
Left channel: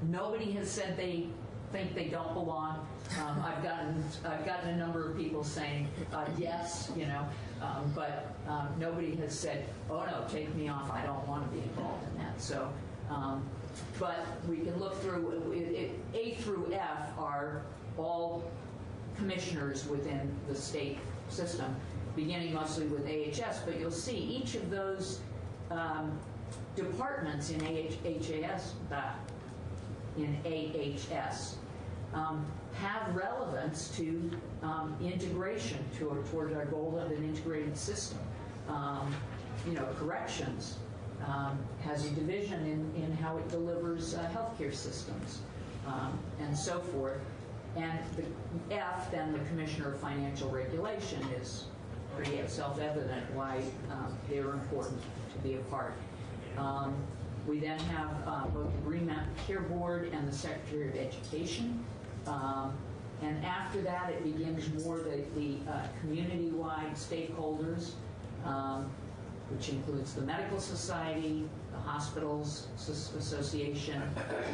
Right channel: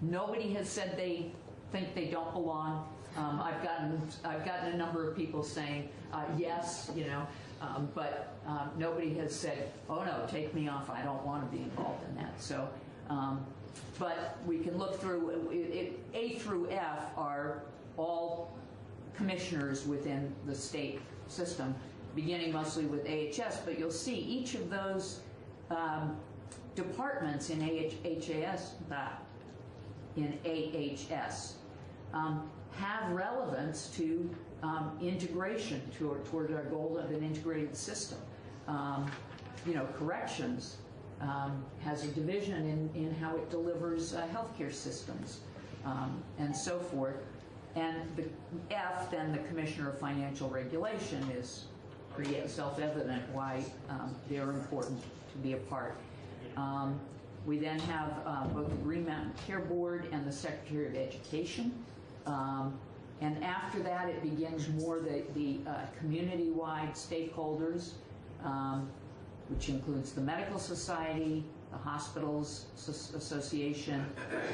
Nobody has said they think they don't belong. I've gotten a number of people saying yes, but nobody has said, oh no, take me off, I don't want to be involved in that. So, but we can look through, A through F are all commissioners within the state system, beginning mostly with AHS, but you'll see each of those departments in AHS have relevance to integration toward our goal of an integrated system. Corrections has a division in how it delivers healthcare systems and so forth. And the F, then the Commissioner of Financial Regulation, is pretty self-evident why they're important to be a part. We then have both the Green Mountain Care Board and the Secretary of Education. And after that, it begins more the community-wide stakeholders, which includes the Medical Society, the Hospitals Association,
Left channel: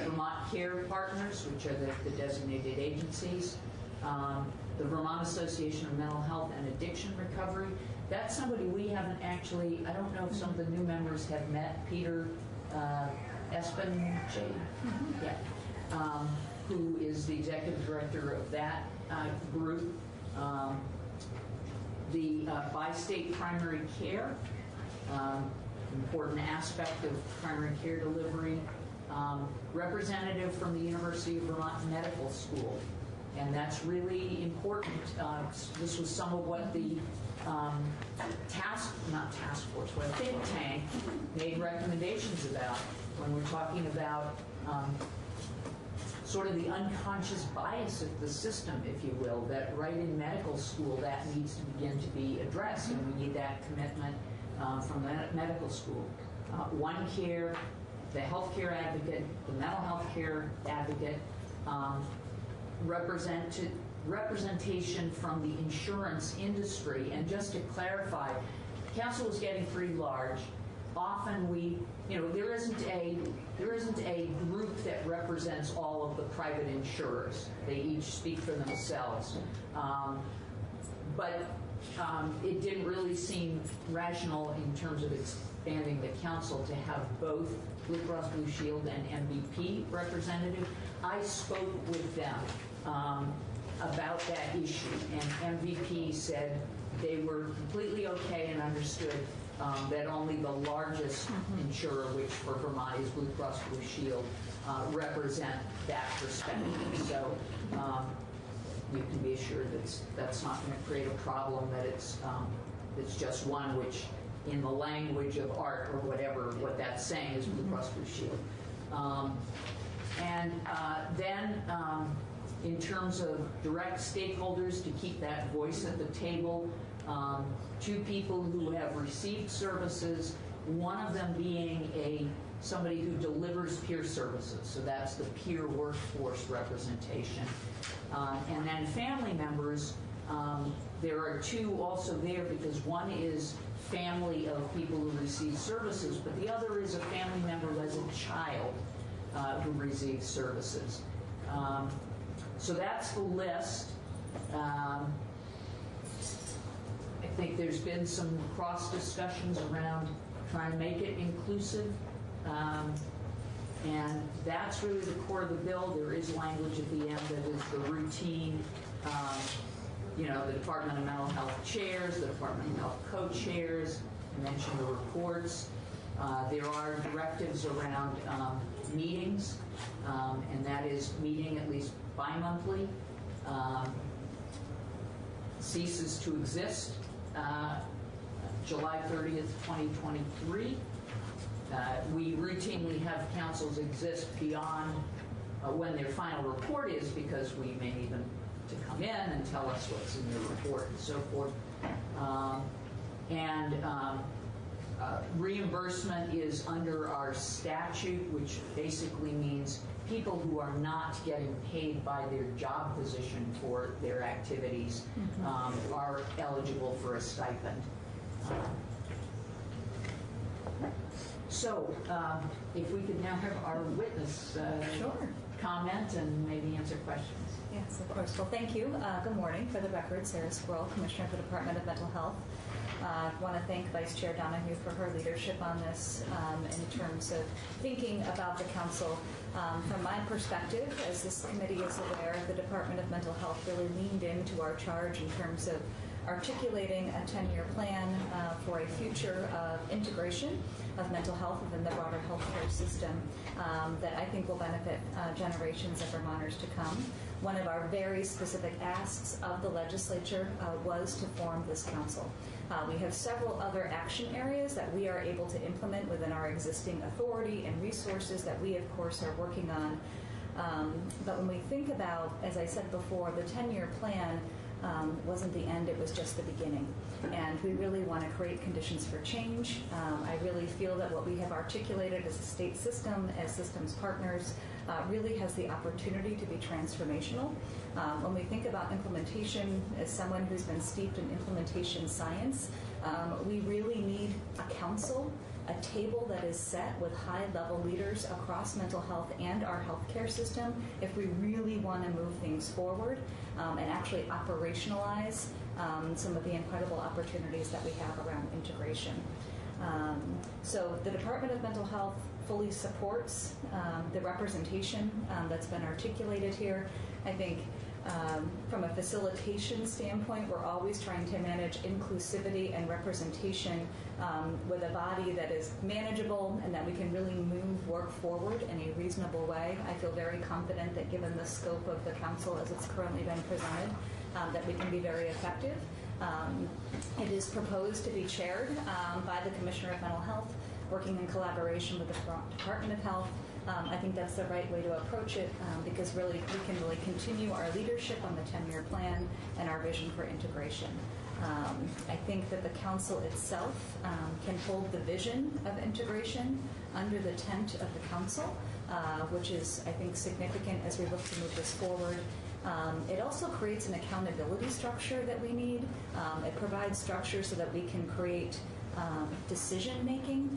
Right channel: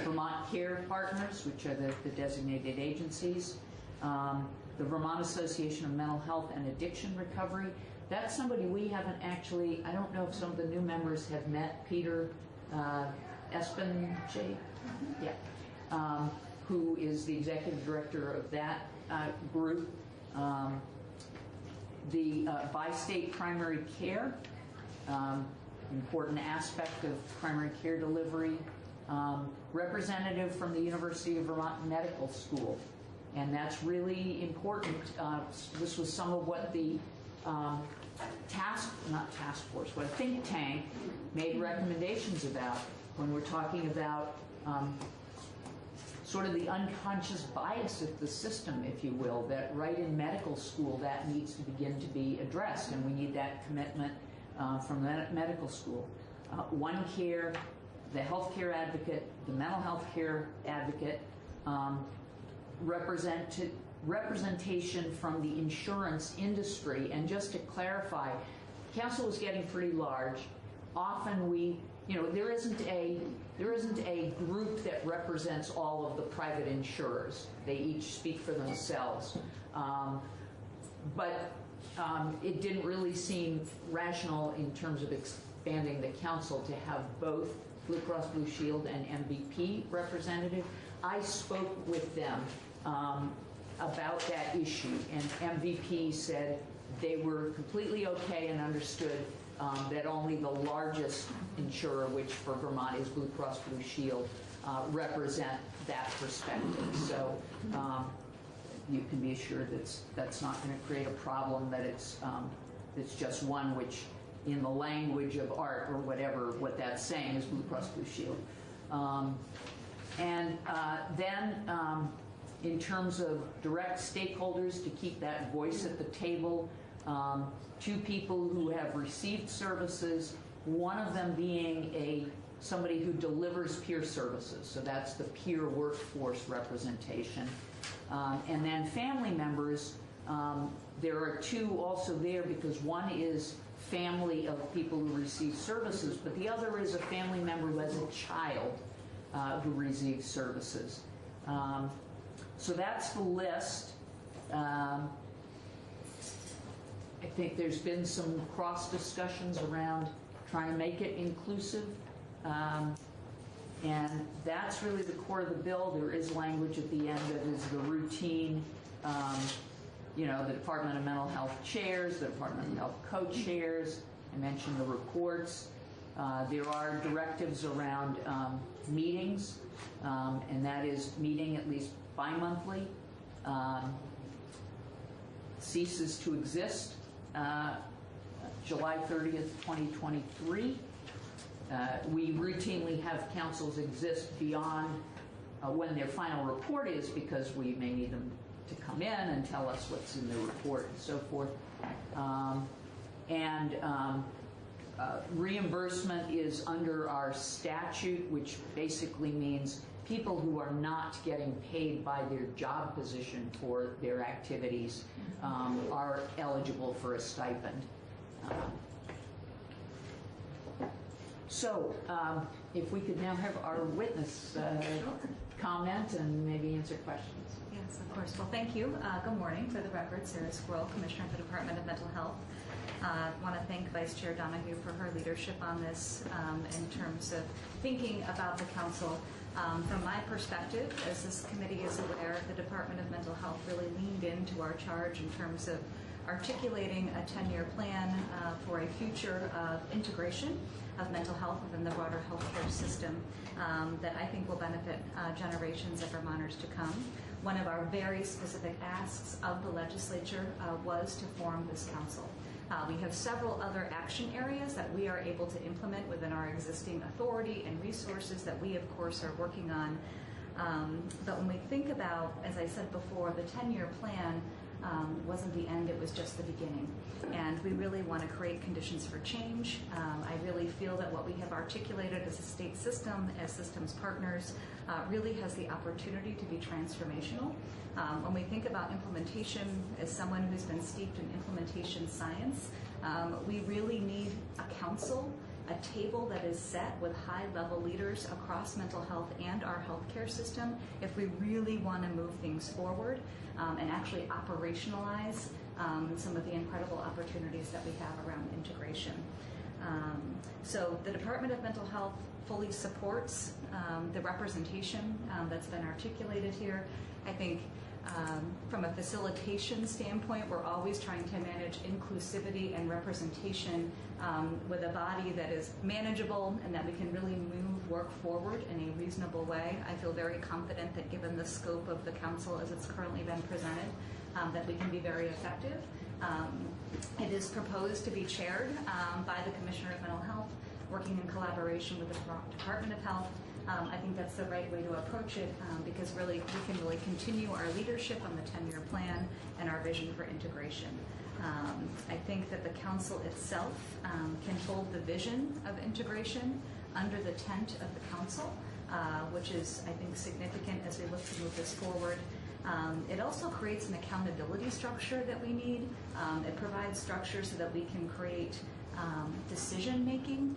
Vermont Care Partners, which are the designated agencies, the Vermont Association of Mental Health and Addiction Recovery. That's somebody we haven't actually, I don't know if some of the new members have met, Peter Espen, who is the executive director of that group. The bi-state primary care, important aspect of primary care delivery. Representative from the University of Vermont Medical School, and that's really important. This was some of what the think tank made recommendations about when we're talking about sort of the unconscious bias of the system, if you will, that right in medical school that needs to begin to be addressed, and we need that commitment from medical school. OneCare, the healthcare advocate, the mental health care advocate, representation from the insurance industry. And just to clarify, council is getting pretty large. Often there isn't a group that represents all of the private insurers. They each speak for themselves. But it didn't really seem rational in terms of expanding the council to have both Blue Cross Blue Shield and MVP representative. I spoke with them about that issue, and MVP said they were completely okay and understood that only the largest insurer, which for Vermont is Blue Cross Blue Shield, represent that perspective. So you can be assured that's not going to create a problem, that it's just one which, in the language of art or whatever, what that's saying is Blue Cross Blue Shield. And then in terms of direct stakeholders, to keep that voice at the table, 2 people who have received services, one of them being somebody who delivers peer services, so that's the peer workforce representation. And then family members, there are 2 also there, because one is family of people who receive services, but the other is a family member who has a child who receives services. So that's the list. I think there's been some cross discussions around trying to make it inclusive, and that's really the core of the bill. There is language at the end that is the routine, the Department of Mental Health chairs, the Department of Health co-chairs. I mentioned the reports. There are directives around meetings, and that is meeting at least bi-monthly, ceases to exist July 30th, 2023. We routinely have councils exist beyond when their final report is, because we may need them to come in and tell us what's in their report and so forth. Reimbursement is under our statute, which basically means people who are not getting paid by their job position for their activities are eligible for a stipend. If we could now have our witness comment and maybe answer questions. Yes, of course. Well, thank you. Good morning. For the record, Sarah Squirrel, Commissioner of the Department of Mental Health. I want to thank Vice Chair Donahue for her leadership on this in terms of thinking about the council. From my perspective, as this committee is aware, the Department of Mental Health really leaned into our charge in terms of articulating a 10-year plan for a future of integration of mental health within the broader healthcare system that I think will benefit generations of Vermonters to come. One of our very specific asks of the legislature was to form this council. We have several other action areas that we are able to implement within our existing authority and resources that we, of course, are working on. But when we think about, as I said before, the 10-year plan wasn't the end, it was just the beginning. And we really want to create conditions for change. I really feel that what we have articulated as a state system, as systems partners, really has the opportunity to be transformational. When we think about implementation, as someone who's been steeped in implementation science, we really need a council, a table that is set with high-level leaders across mental health and our healthcare system if we really want to move things forward and actually operationalize some of the incredible opportunities that we have around integration. So the Department of Mental Health fully supports the representation that's been articulated here. I think from a facilitation standpoint, we're always trying to manage inclusivity and representation with a body that is manageable and that we can really move work forward in a reasonable way. I feel very confident that given the scope of the council as it's currently been presented, that we can be very effective. It is proposed to be chaired by the Commissioner of Mental Health, working in collaboration with the Department of Health. I think that's the right way to approach it because really we can really continue our leadership on the 10-year plan and our vision for integration. I think that the council itself can hold the vision of integration under the tent of the council, which is, I think, significant as we look to move this forward. It also creates an accountability structure that we need. It provides structure so that we can create decision-making.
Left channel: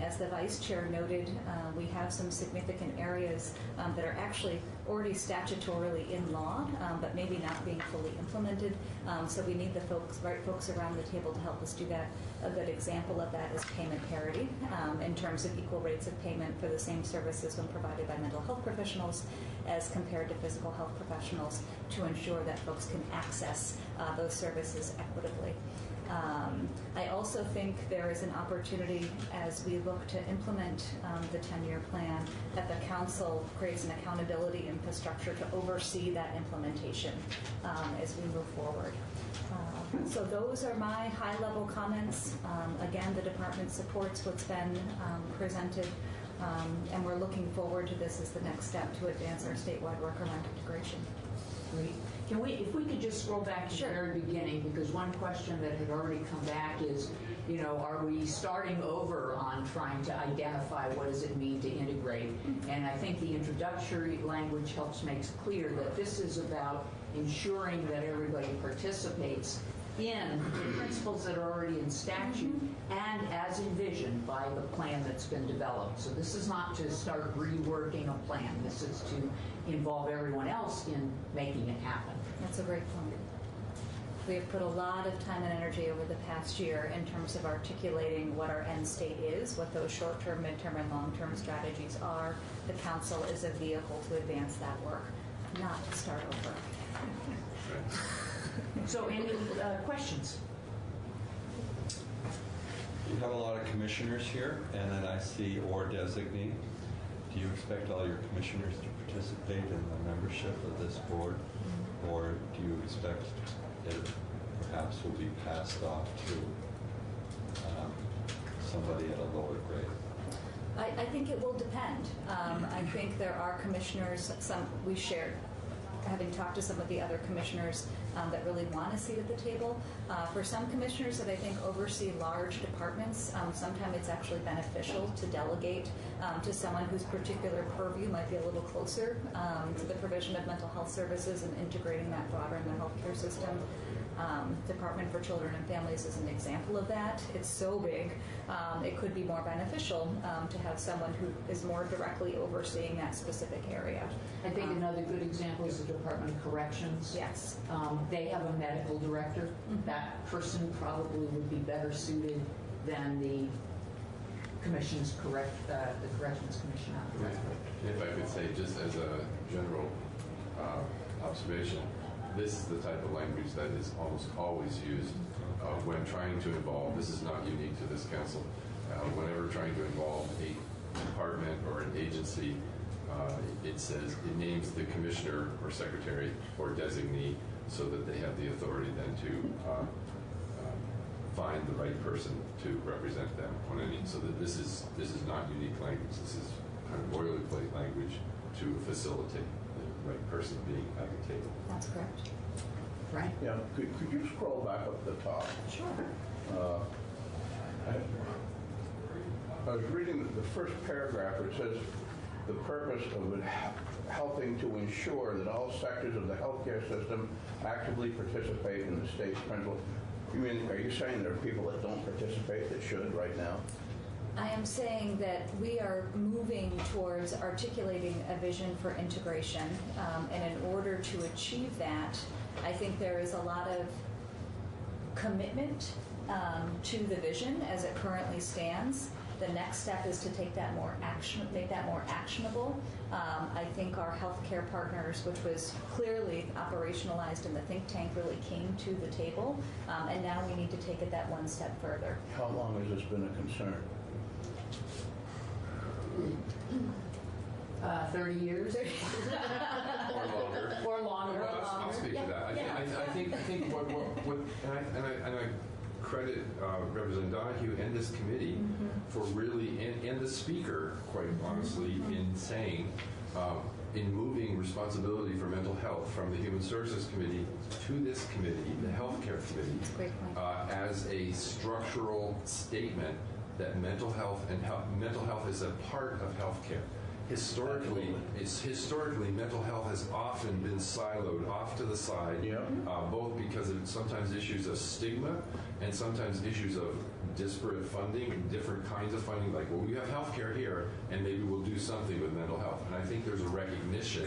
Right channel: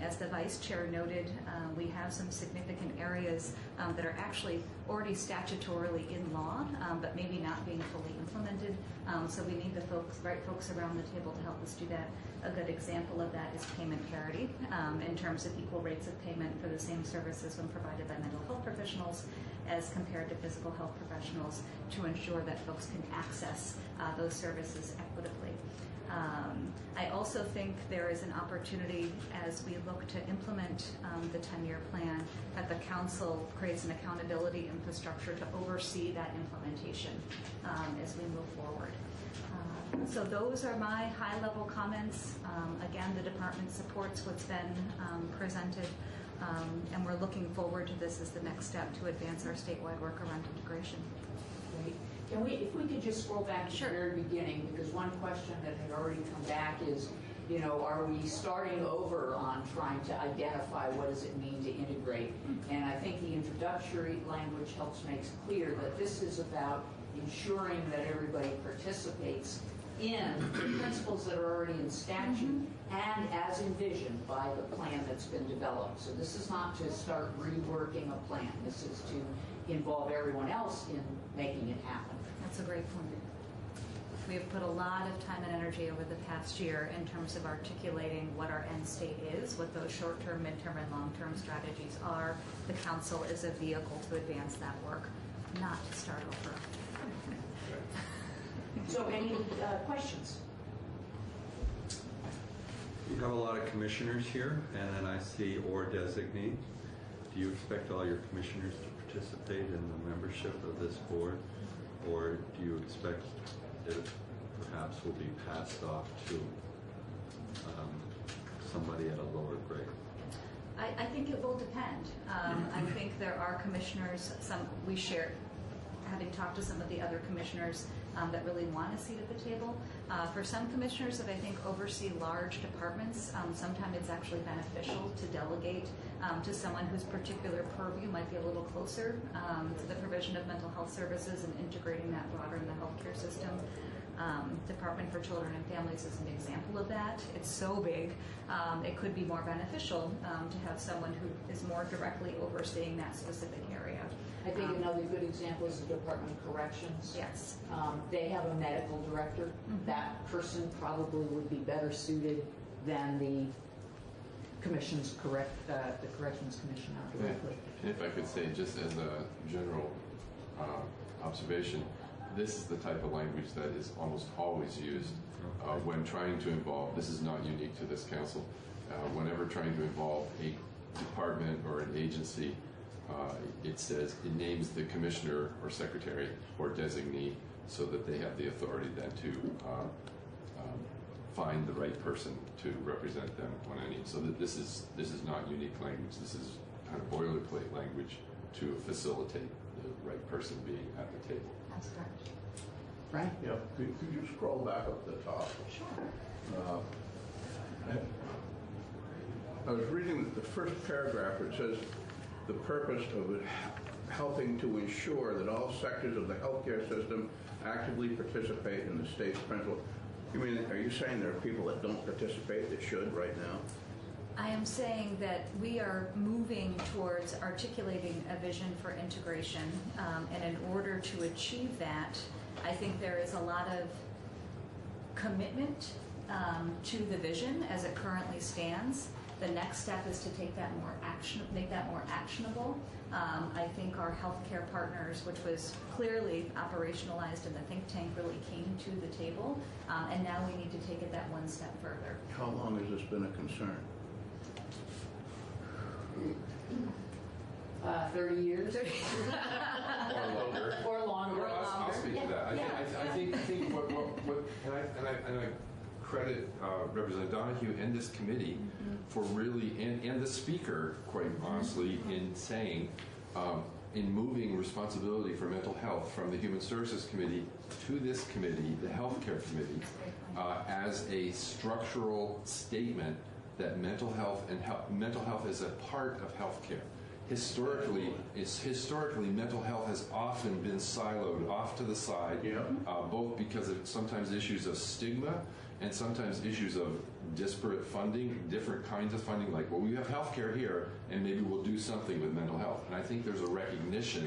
As the Vice Chair noted, we have some significant areas that are actually already statutorily in law, but maybe not being fully implemented. So we need the right folks around the table to help us do that. A good example of that is payment parity in terms of equal rates of payment for the same services when provided by mental health professionals as compared to physical health professionals to ensure that folks can access those services equitably. I also think there is an opportunity as we look to implement the 10-year plan that the council creates an accountability infrastructure to oversee that implementation as we move forward. So those are my high-level comments. Again, the department supports what's been presented, and we're looking forward to this as the next step to advance our statewide work around integration. Great. If we could just scroll back to the very beginning, because one question that had already come back is, are we starting over on trying to identify what does it mean to integrate? And I think the introductory language helps makes clear that this is about ensuring that everybody participates in the principles that are already in statute and as envisioned by the plan that's been developed. So this is not to start reworking a plan. This is to involve everyone else in making it happen. That's a great point. We have put a lot of time and energy over the past year in terms of articulating what our end state is, what those short-term, mid-term, and long-term strategies are. The council is a vehicle to advance that work, not to start over. So any questions? You have a lot of commissioners here, and then I see or designee. do you expect all your commissioners to participate in the membership of this board, or do you expect it perhaps will be passed off to somebody at a lower grade? I think it will depend. I think there are commissioners, some we shared, having talked to some of the other commissioners that really want a seat at the table. For some commissioners that I think oversee large departments, sometimes it's actually beneficial to delegate to someone whose particular purview might be a little closer to the provision of mental health services and integrating that broader in the healthcare system. Department for Children and Families is an example of that. It's so big, it could be more beneficial to have someone who is more directly overseeing that specific area. I think another good example is the Department of Corrections. Yes. They have a medical director. That person probably would be better suited than the Corrections Commissioner. If I could say, just as a general observation, this is the type of language that is almost always used when trying to involve, this is not unique to this council, whenever trying to involve a department or an agency, it says, it names the commissioner or secretary or designee so that they have the authority then to find the right person to represent them on any. So that this is not unique language. This is kind of boilerplate language to facilitate the right person being at the table. That's correct. Right? Yeah, could you scroll back up to the top? Sure. I was reading the first paragraph. It says, the purpose of it helping to ensure that all sectors of the healthcare system actively participate in the state's parental. You mean, are you saying there are people that don't participate that should right now? I am saying that we are moving towards articulating a vision for integration, and in order to achieve that, I think there is a lot of commitment to the vision as it currently stands. The next step is to take that make that more actionable. I think our healthcare partners, which was clearly operationalized in the think tank, really came to the table, and now we need to take it that one step further. How long has this been a concern? 30 years. Or longer. Or longer. I'll speak to that. I think what and I credit Representative Donahue and this committee for really, and the speaker, quite honestly, in saying, in moving responsibility for mental health from the Human Services Committee to this committee, the Healthcare Committee, as a structural statement that mental health is a part of healthcare. Historically, mental health has often been siloed off to the side, both because of sometimes issues of stigma and sometimes issues of disparate funding, different kinds of funding, like, well, we have healthcare here, and maybe we'll do something with mental health. And I think there's a recognition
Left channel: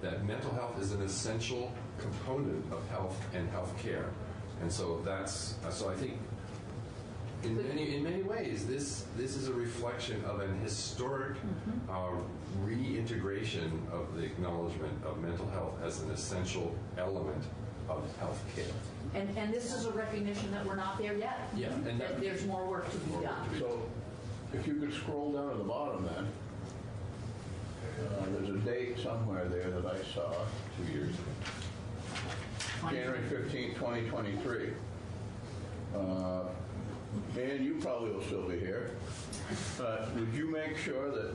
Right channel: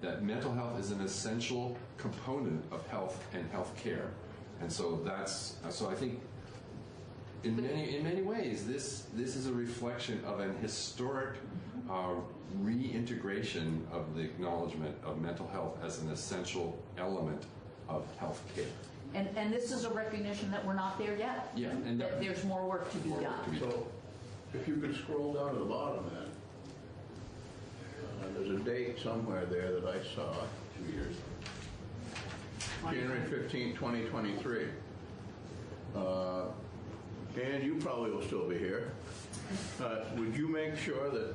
that mental health is an essential component of health and healthcare. And so I think in many ways, this is a reflection of an historic reintegration of the acknowledgement of mental health as an essential element of health care. And this is a recognition that we're not there yet. Yeah, and that there's more work to be done. So, if you could scroll down to the bottom then, there's a date somewhere there that I saw. 2 years. January 15, 2023. And you probably will still be here. Would you make sure that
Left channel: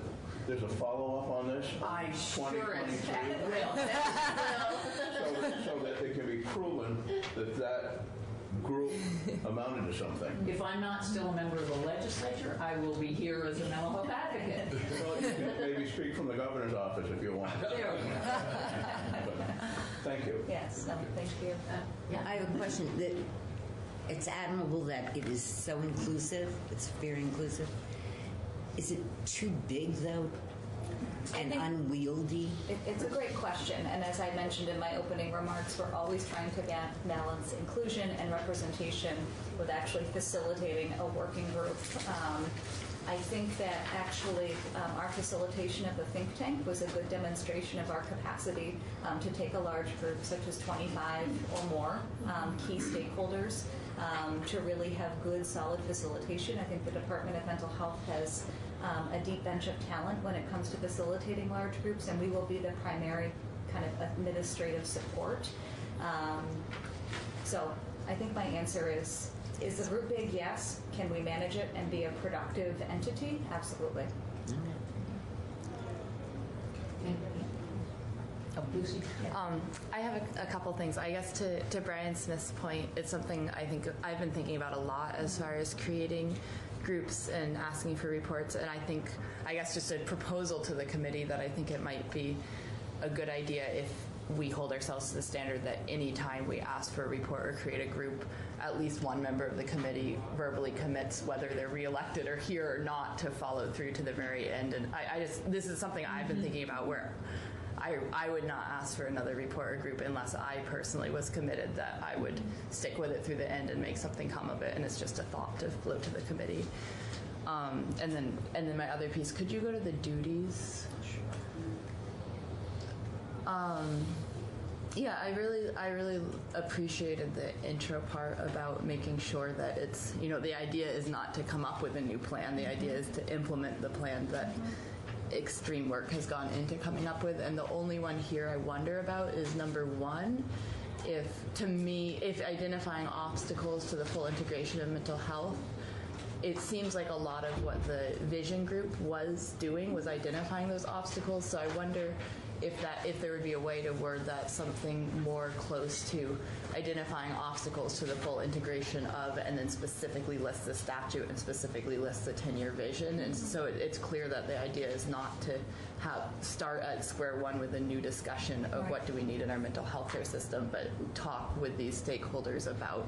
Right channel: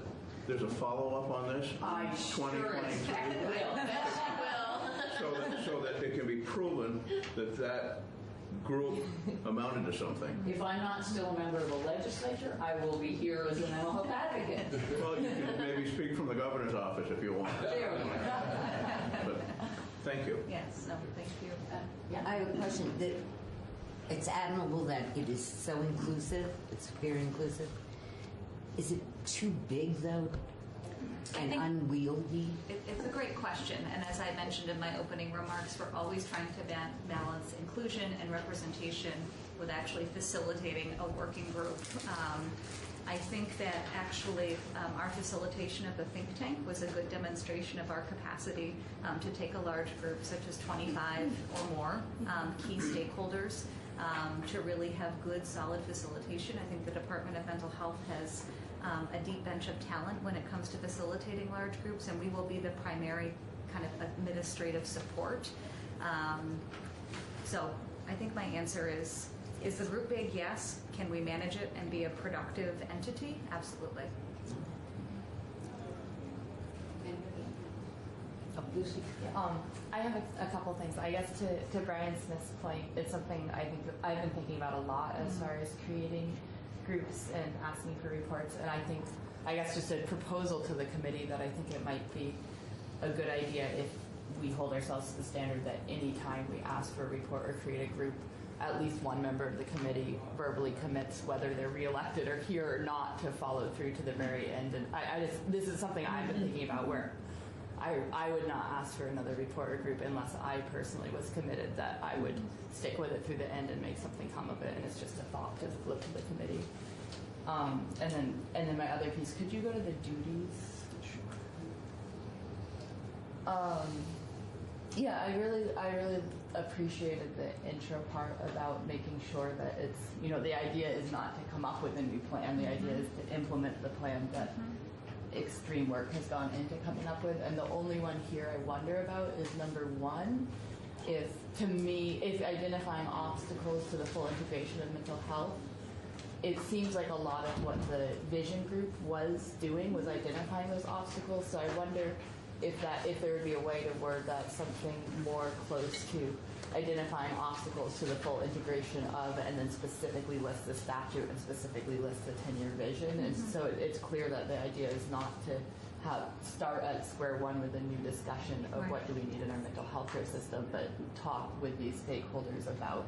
there's a follow-up on this? I sure expect will. So that it can be proven that group amounted to something. If I'm not still a member of the legislature, I will be here as a mental health advocate. Well, you can maybe speak from the governor's office if you want. But, thank you. Yes, no, thank you. Yeah, I have a question. It's admirable that it is so inclusive. It's very inclusive. Is it too big, though, and unwieldy? It's a great question, and as I mentioned in my opening remarks, we're always trying to balance inclusion and representation with actually facilitating a working group. I think that actually our facilitation of the think tank was a good demonstration of our capacity to take a large group, such as 25 or more key stakeholders, to really have good, solid facilitation. I think the Department of Mental Health has a deep bench of talent when it comes to facilitating large groups, and we will be the primary kind of administrative support. So I think my answer is the group big? Yes. Can we manage it and be a productive entity? Absolutely. I have a couple things. I guess to Brian Smith's point, it's something I think I've been thinking about a lot as far as creating groups and asking for reports. And I guess just a proposal to the committee that I think it might be a good idea if we hold ourselves to the standard that any time we ask for a report or create a group, at least one member of the committee verbally commits, whether they're reelected or here or not, to follow through to the very end. And this is something I've been thinking about, where I would not ask for another report or group unless I personally was committed that I would stick with it through the end and make something come of it. And it's just a thought to float to the committee. And then my other piece, could you go to the duties? Yeah, I really appreciated the intro part about making sure that it's, the idea is not to come up with a new plan. The idea is to implement the plan that extreme work has gone into coming up with. And the only one here I wonder about is number 1. If identifying obstacles to the full integration of mental health, it seems like a lot of what the vision group was doing was identifying those obstacles. So I wonder if there would be a way to word that something more close to identifying obstacles to the full integration of, and then specifically list the statute and specifically list the 10-year vision. And so it's clear that the idea is not to start at square one with a new discussion of what do we need in our mental health care system, but talk with these stakeholders about,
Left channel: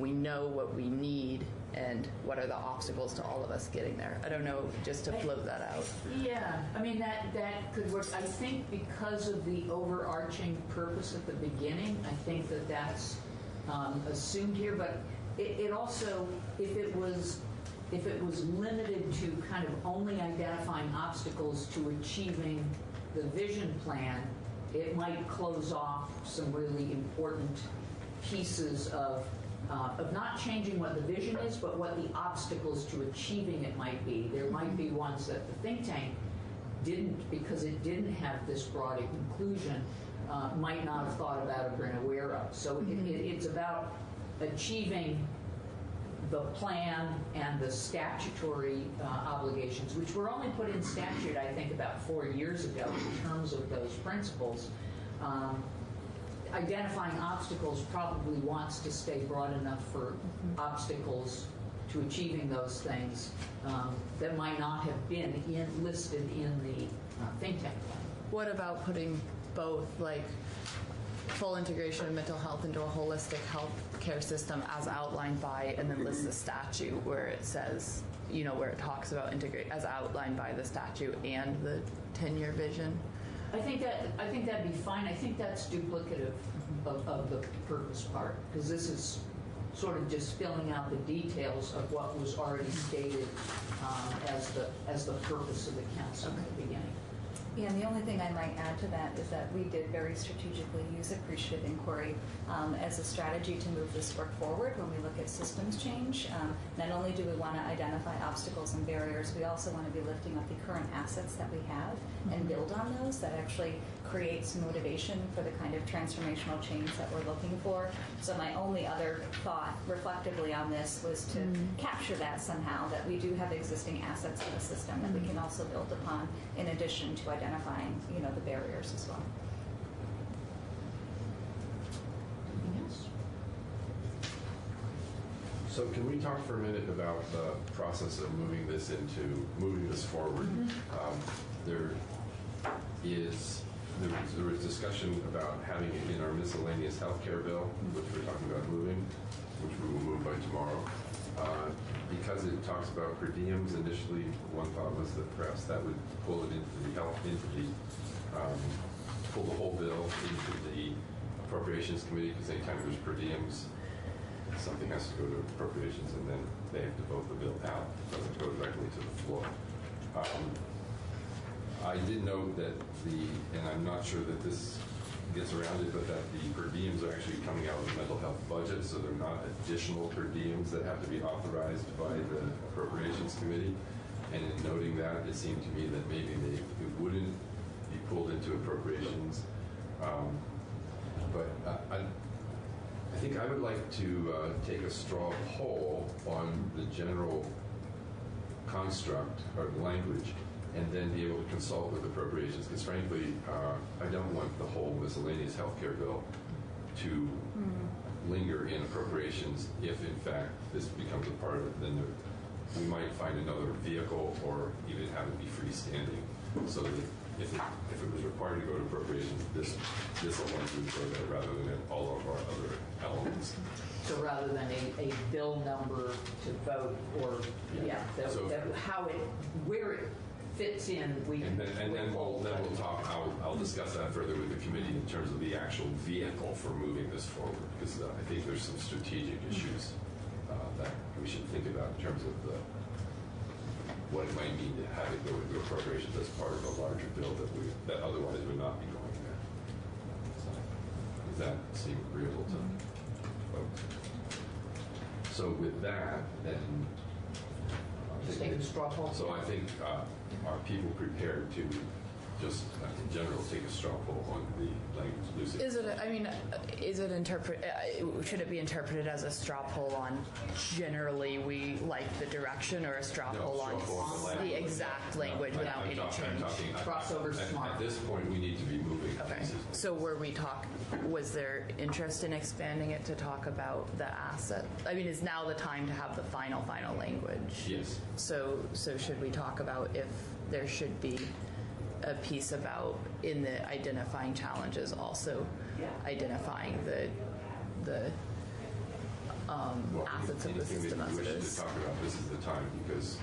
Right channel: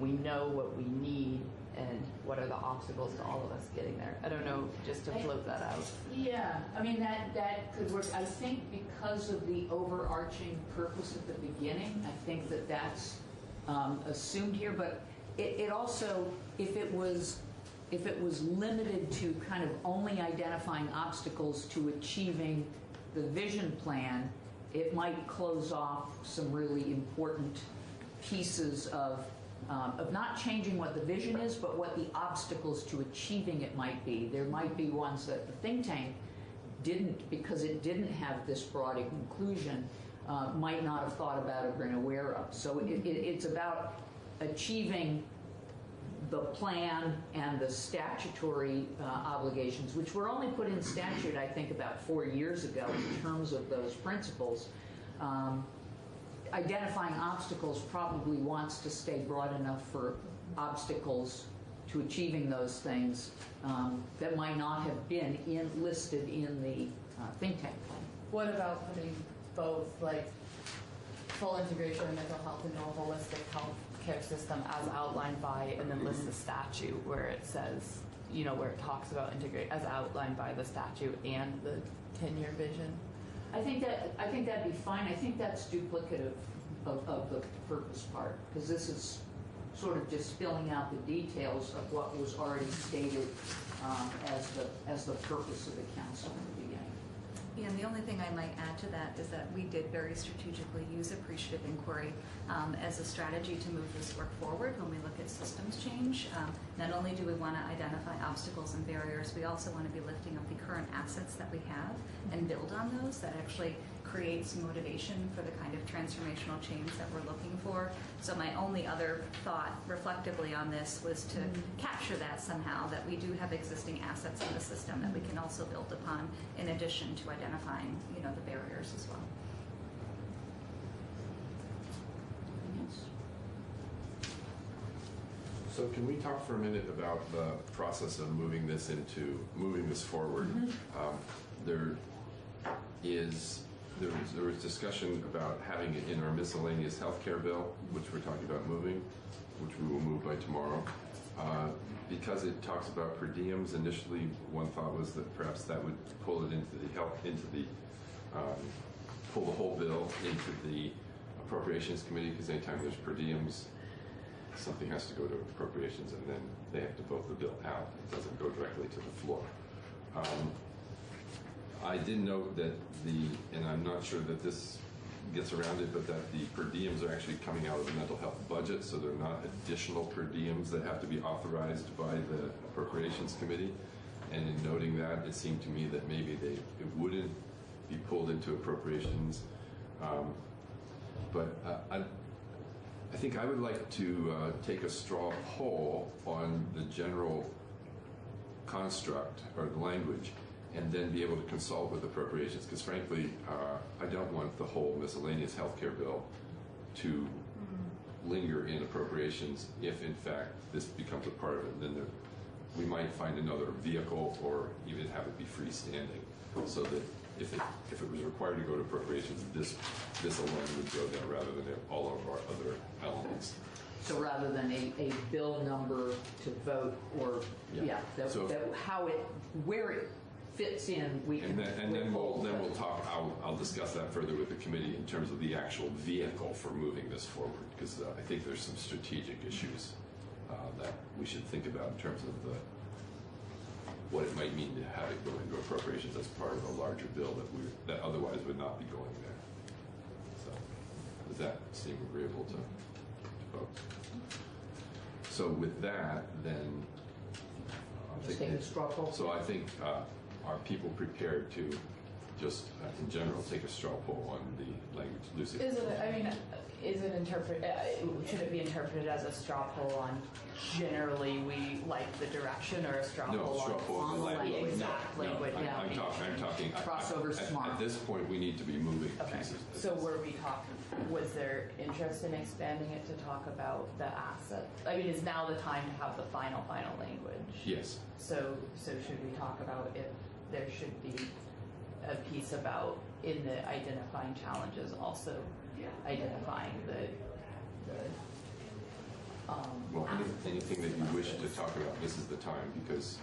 we know what we need and what are the obstacles to all of us getting there. I don't know, just to float that out. Yeah, I mean, that could work. I think because of the overarching purpose at the beginning, I think that's assumed here, but it also, if it was limited to kind of only identifying obstacles to achieving the vision plan, it might close off some really important pieces of not changing what the vision is, but what the obstacles to achieving it might be. There might be ones that the think tank didn't, because it didn't have this broad inclusion, might not have thought about or been aware of. So it's about achieving the plan and the statutory obligations, which were only put in statute, I think, about 4 years ago in terms of those principles. Identifying obstacles probably wants to stay broad enough for obstacles to achieving those things that might not have been listed in the think tank plan. What about putting both, like full integration of mental health into a holistic health care system as outlined by, and then list the statute where it says, where it talks about integrate as outlined by the statute and the 10-year vision? I think that'd be fine. I think that's duplicative of the purpose part, because this is sort of just filling out the details of what was already stated as the purpose of the council at the beginning. Yeah, the only thing I might add to that is that we did very strategically use appreciative inquiry as a strategy to move this work forward when we look at systems change. Not only do we want to identify obstacles and barriers, we also want to be lifting up the current assets that we have and build on those. That actually creates motivation for the kind of transformational change that we're looking for. So my only other thought reflectively on this was to capture that somehow, that we do have existing assets in the system that we can also build upon in addition to identifying, the barriers as well. So can we talk for a minute about the process of moving this forward? There was discussion about having it in our miscellaneous healthcare bill, which we're talking about moving, which we will move by tomorrow. Because it talks about per diems, initially one thought was that perhaps that would pull it pull the whole bill into the Appropriations Committee, because anytime there's per diems, something has to go to Appropriations, and then they have to vote the bill out. It doesn't go directly to the floor. I did note that and I'm not sure that this gets around it, but that the per diems are actually coming out of the mental health budget, so they're not additional per diems that have to be authorized by the Appropriations Committee. And in noting that, it seemed to me that maybe it wouldn't be pulled into appropriations. But I think I would like to take a straw poll on the general construct or language, and then be able to consult with appropriations. Because frankly, I don't want the whole miscellaneous healthcare bill to linger in appropriations if, in fact, this becomes a part of it. Then we might find another vehicle, or even have it be freestanding, so that if it was required to go to appropriations, this alone would go there rather than all of our other elements. So rather than a bill number to vote, or where it fits in, we can. And then we'll talk. I'll discuss that further with the committee in terms of the actual vehicle for moving this forward, because I think there's some strategic issues that we should think about in terms of what it might mean to have it go into appropriations as part of a larger bill that otherwise would not be going there. So, does that seem agreeable to folks? So with that, then Just take a straw poll. So I think are people prepared to just in general take a straw poll on the language? Lucy? Should it be interpreted as a straw poll on generally we like the direction, or a straw poll on the exact language? I'm talking crossover smart. At this point, we need to be moving pieces. So was there interest in expanding it to talk about the asset? I mean, is now the time to have the final language? Yes. So should we talk about if there should be a piece about in the identifying challenges, also identifying the assets of the anything system that you as wish it is? to talk about, this is the time, because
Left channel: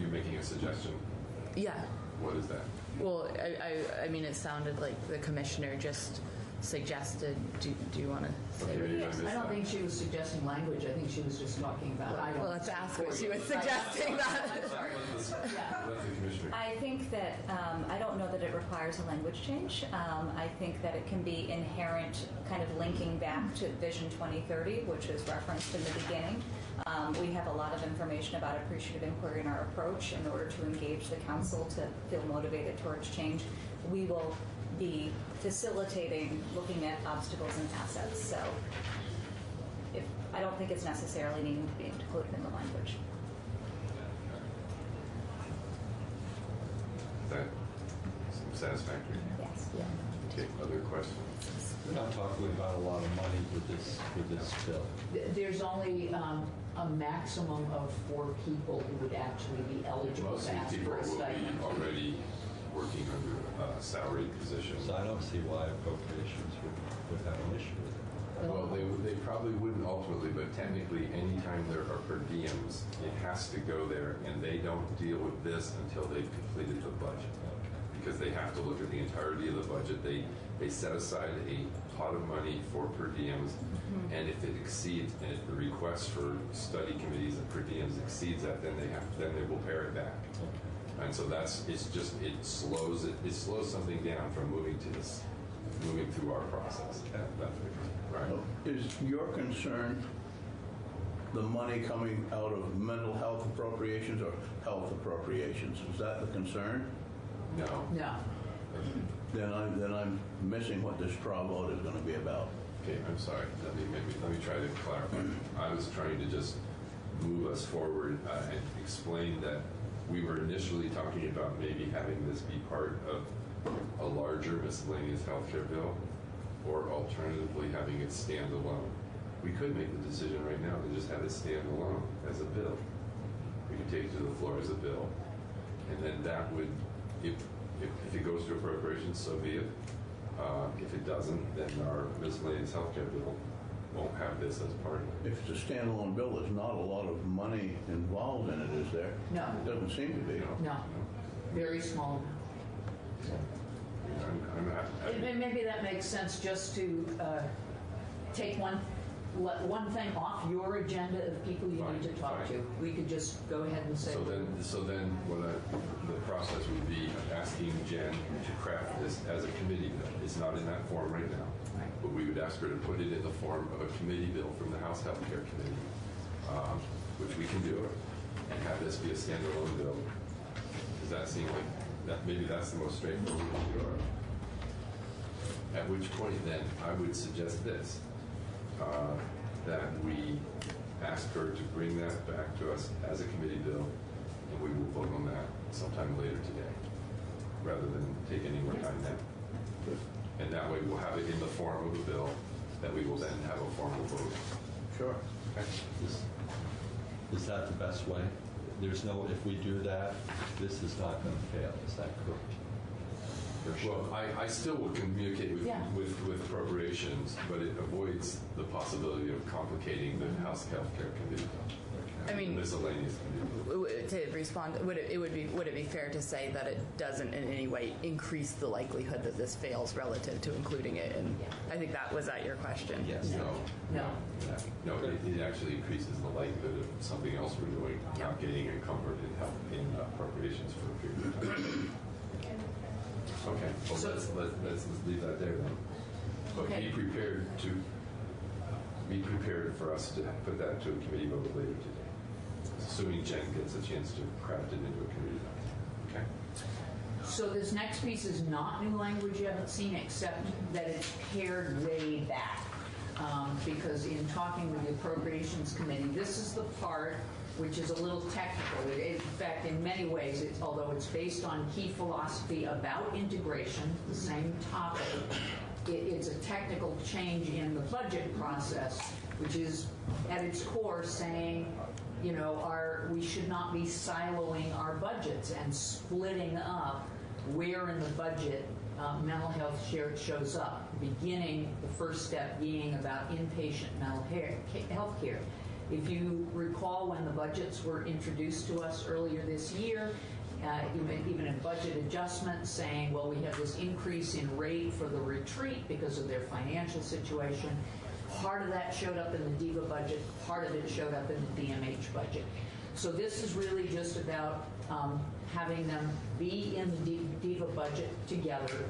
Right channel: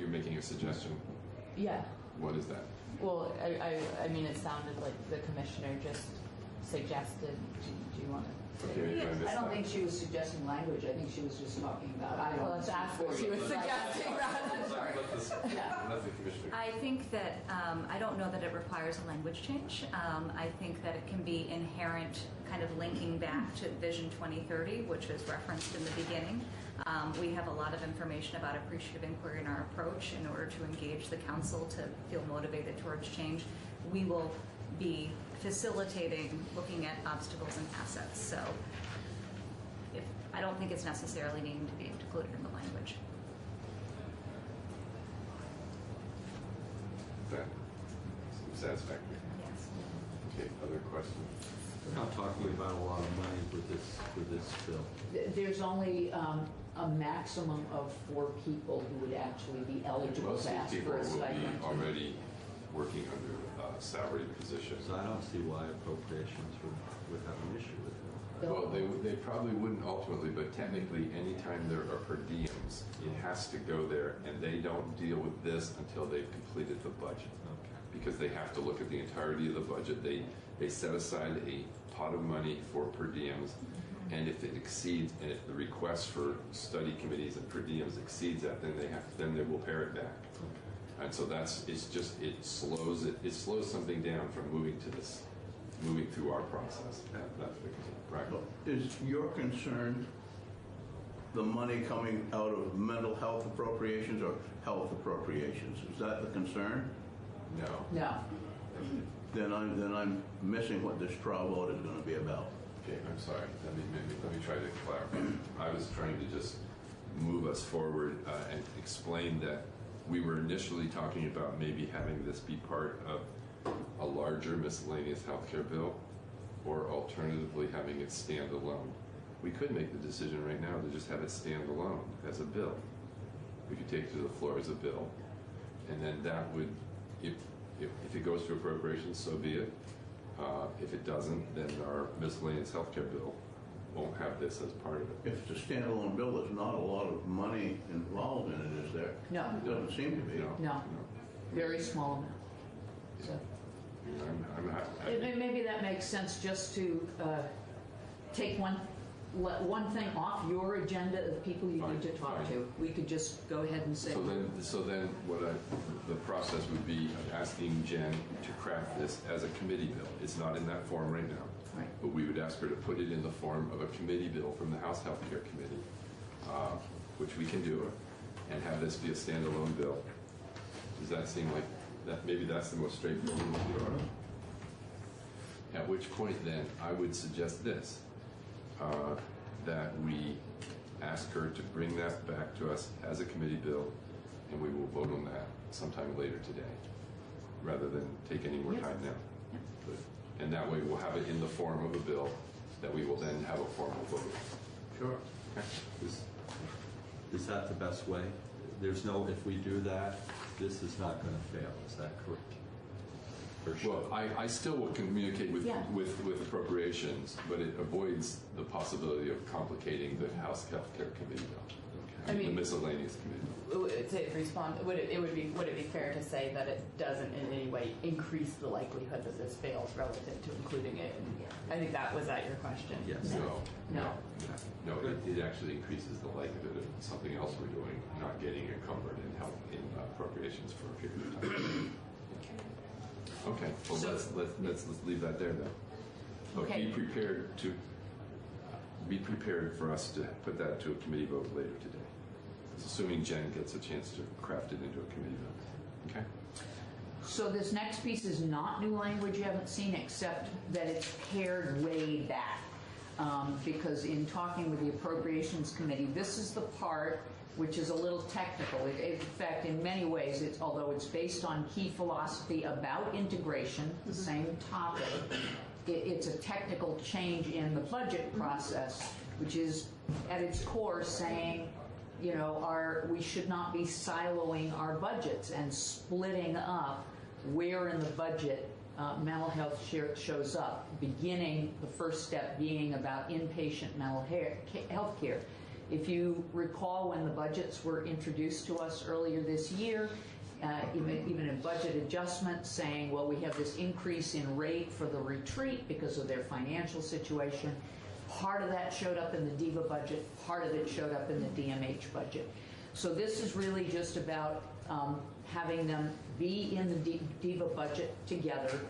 you're making a suggestion. Yeah. What is that? Well, I mean, it sounded like the commissioner just suggested. Do you want to say? Okay, I don't think she was suggesting language. I think she was just talking about. Well, let's ask her. She was suggesting that. I think that I don't know that it requires a language change. I think that it can be inherent, kind of linking back to Vision 2030, which is referenced in the beginning. We have a lot of information about appreciative inquiry in our approach in order to engage the council to feel motivated towards change. We will be facilitating looking at obstacles and assets. So I don't think it's necessarily needing to be included in the language. That satisfactory? Yes. Okay, other questions? We're not talking about a lot of money for this bill. There's only a maximum of 4 people who would actually be eligible Most to of ask the people for a will stipend. be already working under a salaried position. So I don't see why appropriations would have an issue with it. Well, they probably wouldn't ultimately, but technically, anytime there are per diems, it has to go there, and they don't deal with this until they've completed the budget. Because they have to look at the entirety of the budget. They set aside a pot of money for per diems, and if it exceeds, and if the request for study committees and per diems exceeds that, then they will pare it back. And so it slows something down from moving through our process. Right. Is your concern the money coming out of mental health appropriations or health appropriations? Is that the concern? No. Then I'm missing what this straw vote is going to be about. Okay, I'm sorry. Let me try to clarify. I was trying to just move us forward and explain that we were initially talking about maybe having this be part of a larger miscellaneous healthcare bill, or alternatively having it stand alone. We could make the decision right now to just have it stand alone as a bill. We could take it to the floor as a bill, and then that would, if it goes to appropriations, so be it. If it doesn't, then our miscellaneous healthcare bill won't have this as part of it. If it's a standalone bill, there's not a lot of money involved in it, is there? No. It doesn't seem to be. No. Very small amount. So. I'm happy. Maybe that makes sense, just to take one one thing off your agenda of people you need to talk to. We could just go ahead and say. So then the process would be asking Jen to craft this as a committee bill. It's not in that form right now. Right. But we would ask her to put it in the form of a committee bill from the House Healthcare Committee, which we can do, and have this be a standalone bill. Does that seem like that? Maybe that's the most straightforward way to do it. At which point, then, I would suggest this, that we ask her to bring that back to us as a committee bill, and we will vote on that sometime later today, rather than take any more time now. And that way, we'll have it in the form of a bill that we will then have a formal vote on. Sure. Okay. Is that the best way? There's no, if we do that, this is not going to fail. Is that correct? Well, I still will communicate with appropriations, but it avoids the possibility of complicating the House Healthcare Committee, the miscellaneous committee. To respond, would it be fair to say that it doesn't in any way increase the likelihood that this fails relative to including it? And I think that was your question. Yes. No, it actually increases the likelihood of something else we're doing, not getting encumbered in appropriations for a period of time. Okay, well, let's leave that there then. But Okay. be prepared for us to put that to a committee vote later today, assuming Jen gets a chance to craft it into a committee vote. Okay. So this next piece is not new language you haven't seen, except that it's pared way back. Because in talking with the Appropriations Committee, this is the part which is a little technical. In fact, in many ways, although it's based on key philosophy about integration, the same topic, it's a technical change in the budget process, which is at its core saying, we should not be siloing our budgets and splitting up where in the budget mental health shows up, beginning the first step being about inpatient mental health care. If you recall, when the budgets were introduced to us earlier this year, even in budget adjustments saying, well, we have this increase in rate for the retreat because of their financial situation. Part of that showed up in the DIVA budget, part of it showed up in the DMH budget. So this is really just about having them be in the DIVA budget together.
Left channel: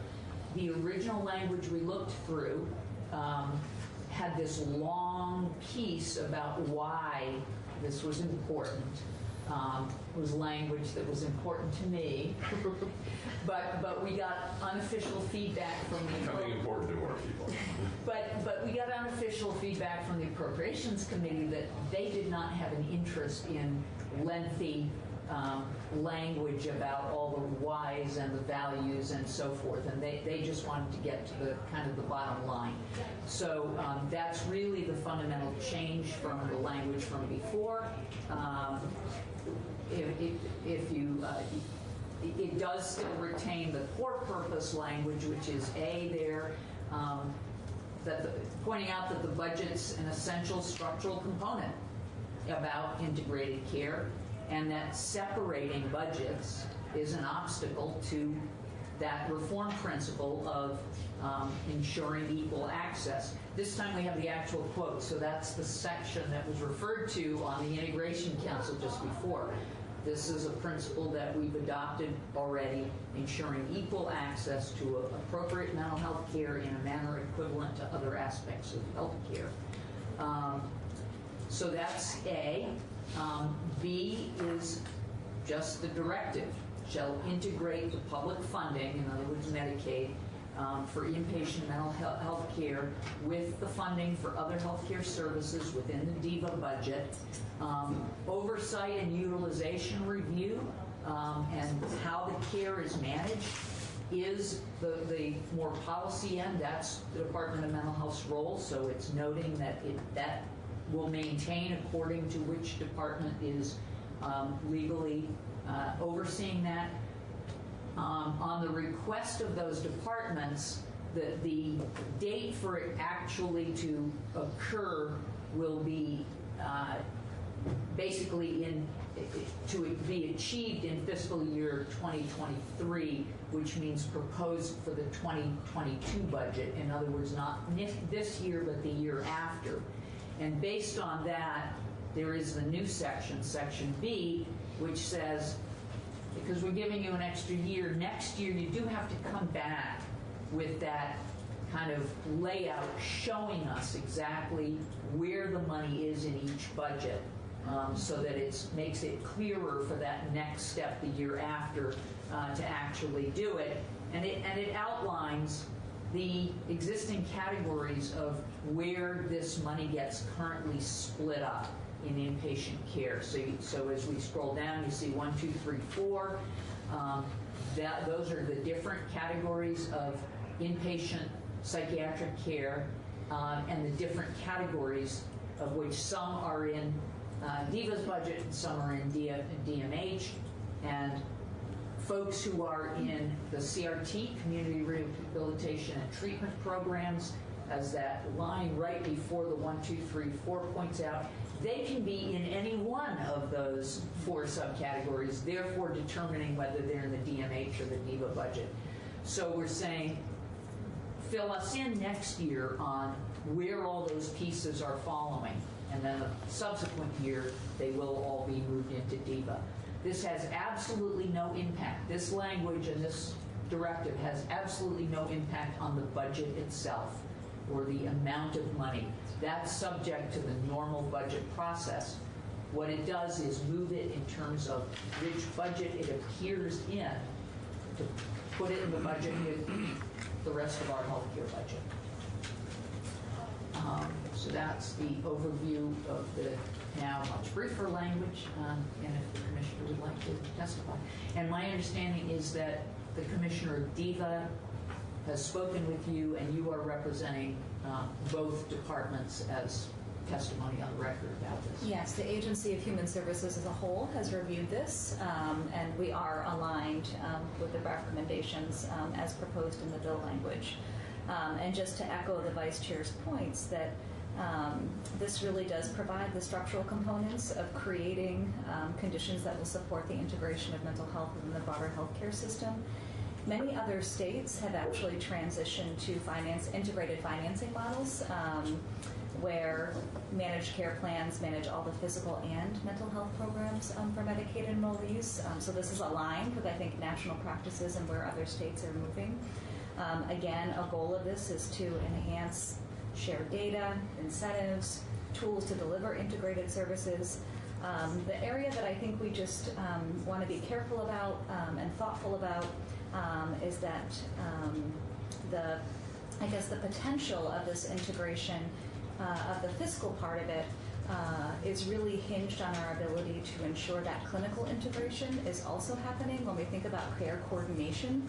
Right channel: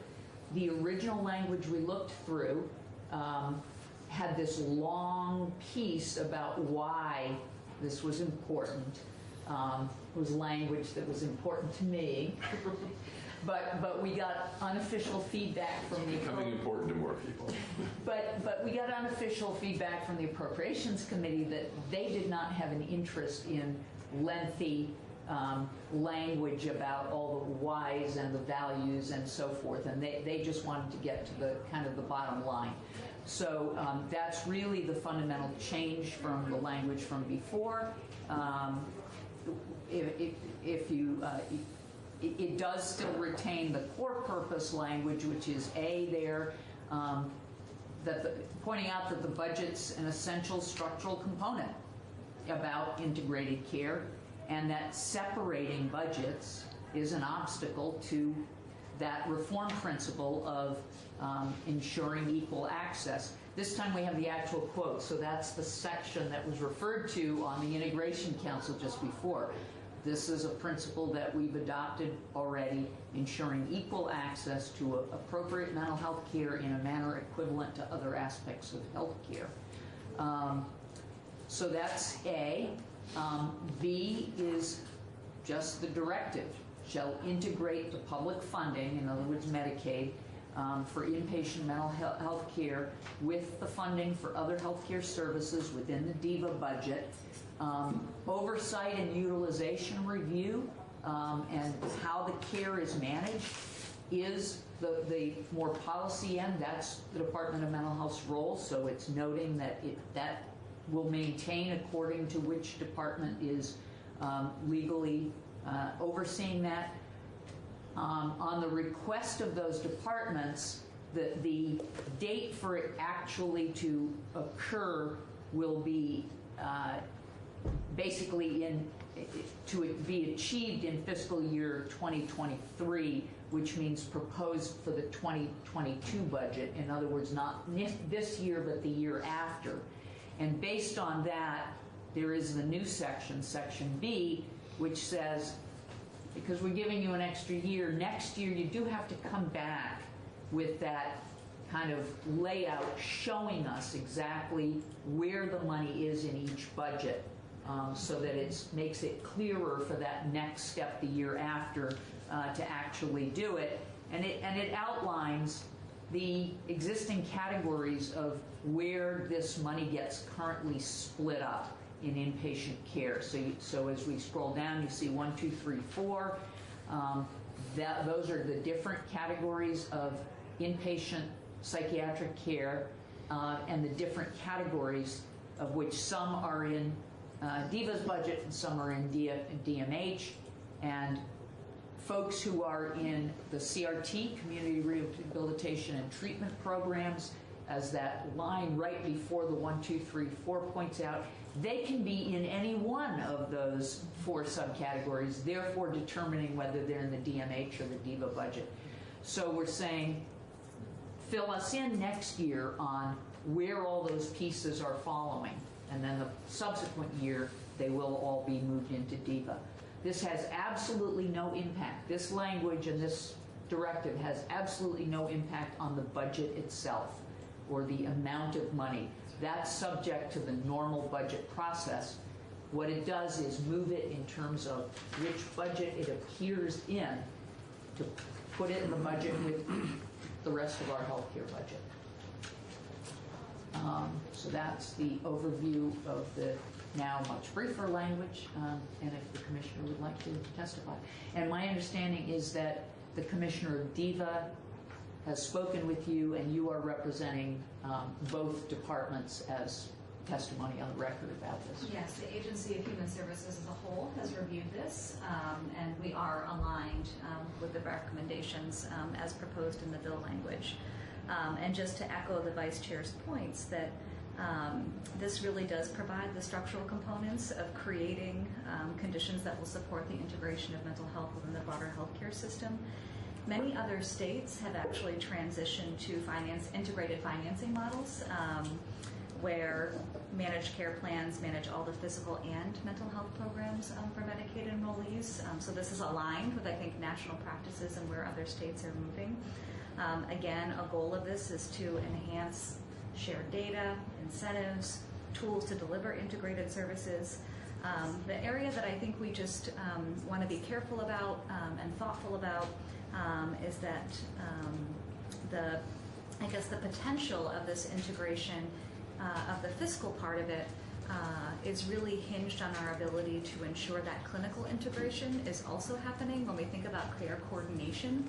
The original language we looked through had this long piece about why this was important. It was language that was important to me, but we got unofficial feedback from the Becoming important to more people. But we got unofficial feedback from the Appropriations Committee that they did not have an interest in lengthy language about all the whys and the values and so forth, and they just wanted to get to the kind of the bottom line. So that's really the fundamental change from the language from before. It does still retain the core purpose language, which is pointing out that the budget's an essential structural component about integrated care, and that separating budgets is an obstacle to that reform principle of ensuring equal access. This time we have the actual quote, so that's the section that was referred to on the Integration Council just before. This is a principle that we've adopted already, ensuring equal access to appropriate mental health care in a manner equivalent to other aspects of health care. So that's A. B is just the directive. Shall integrate the public funding, in other words, Medicaid, for inpatient mental health care with the funding for other health care services within the DIVA budget. Oversight and utilization review and how the care is managed is the more policy end. That's the Department of Mental Health's role, so it's noting that that will maintain according to which department is legally overseeing that. On the request of those departments, the date for it actually to occur will be basically to be achieved in fiscal year 2023, which means proposed for the 2022 budget. In other words, not this year, but the year after. And based on that, there is the new section, Section B, which says, because we're giving you an extra year, next year you do have to come back with that kind of layout showing us exactly where the money is in each budget, so that it makes it clearer for that next step the year after to actually do it. And it outlines the existing categories of where this money gets currently split up in inpatient care. So as we scroll down, you see 1, 2, 3, 4. Those are the different categories of inpatient psychiatric care, and the different categories of which some are in DIVA's budget and some are in DMH. And folks who are in the CRT, Community Rehabilitation and Treatment Programs, as that line right before the 1, 2, 3, 4 points out, they can be in any one of those 4 subcategories, therefore determining whether they're in the DMH or the DIVA budget. So we're saying, fill us in next year on where all those pieces are following, and then the subsequent year they will all be moved into DIVA. This has absolutely no impact. This language and this directive has absolutely no impact on the budget itself or the amount of money. That's subject to the normal budget process. What it does is move it in terms of which budget it appears in, to put it in the budget with the rest of our healthcare budget. So that's the overview of the now much briefer language, and if the commissioner would like to testify. And my understanding is that the commissioner of DIVA has spoken with you, and you are representing both departments as testimony on the record about this. Yes, the Agency of Human Services as a whole has reviewed this, and we are aligned with the recommendations as proposed in the bill language. And just to echo the Vice Chair's points, that this really does provide the structural components of creating conditions that will support the integration of mental health within the broader healthcare system. Many other states have actually transitioned to integrated financing models, where managed care plans manage all the physical and mental health programs for Medicaid enrollees. So this is aligned with, I think, national practices and where other states are moving. Again, a goal of this is to enhance shared data, incentives, tools to deliver integrated services. The area that I think we just want to be careful about and thoughtful about is that the potential of this integration of the fiscal part of it is really hinged on our ability to ensure that clinical integration is also happening when we think about care coordination.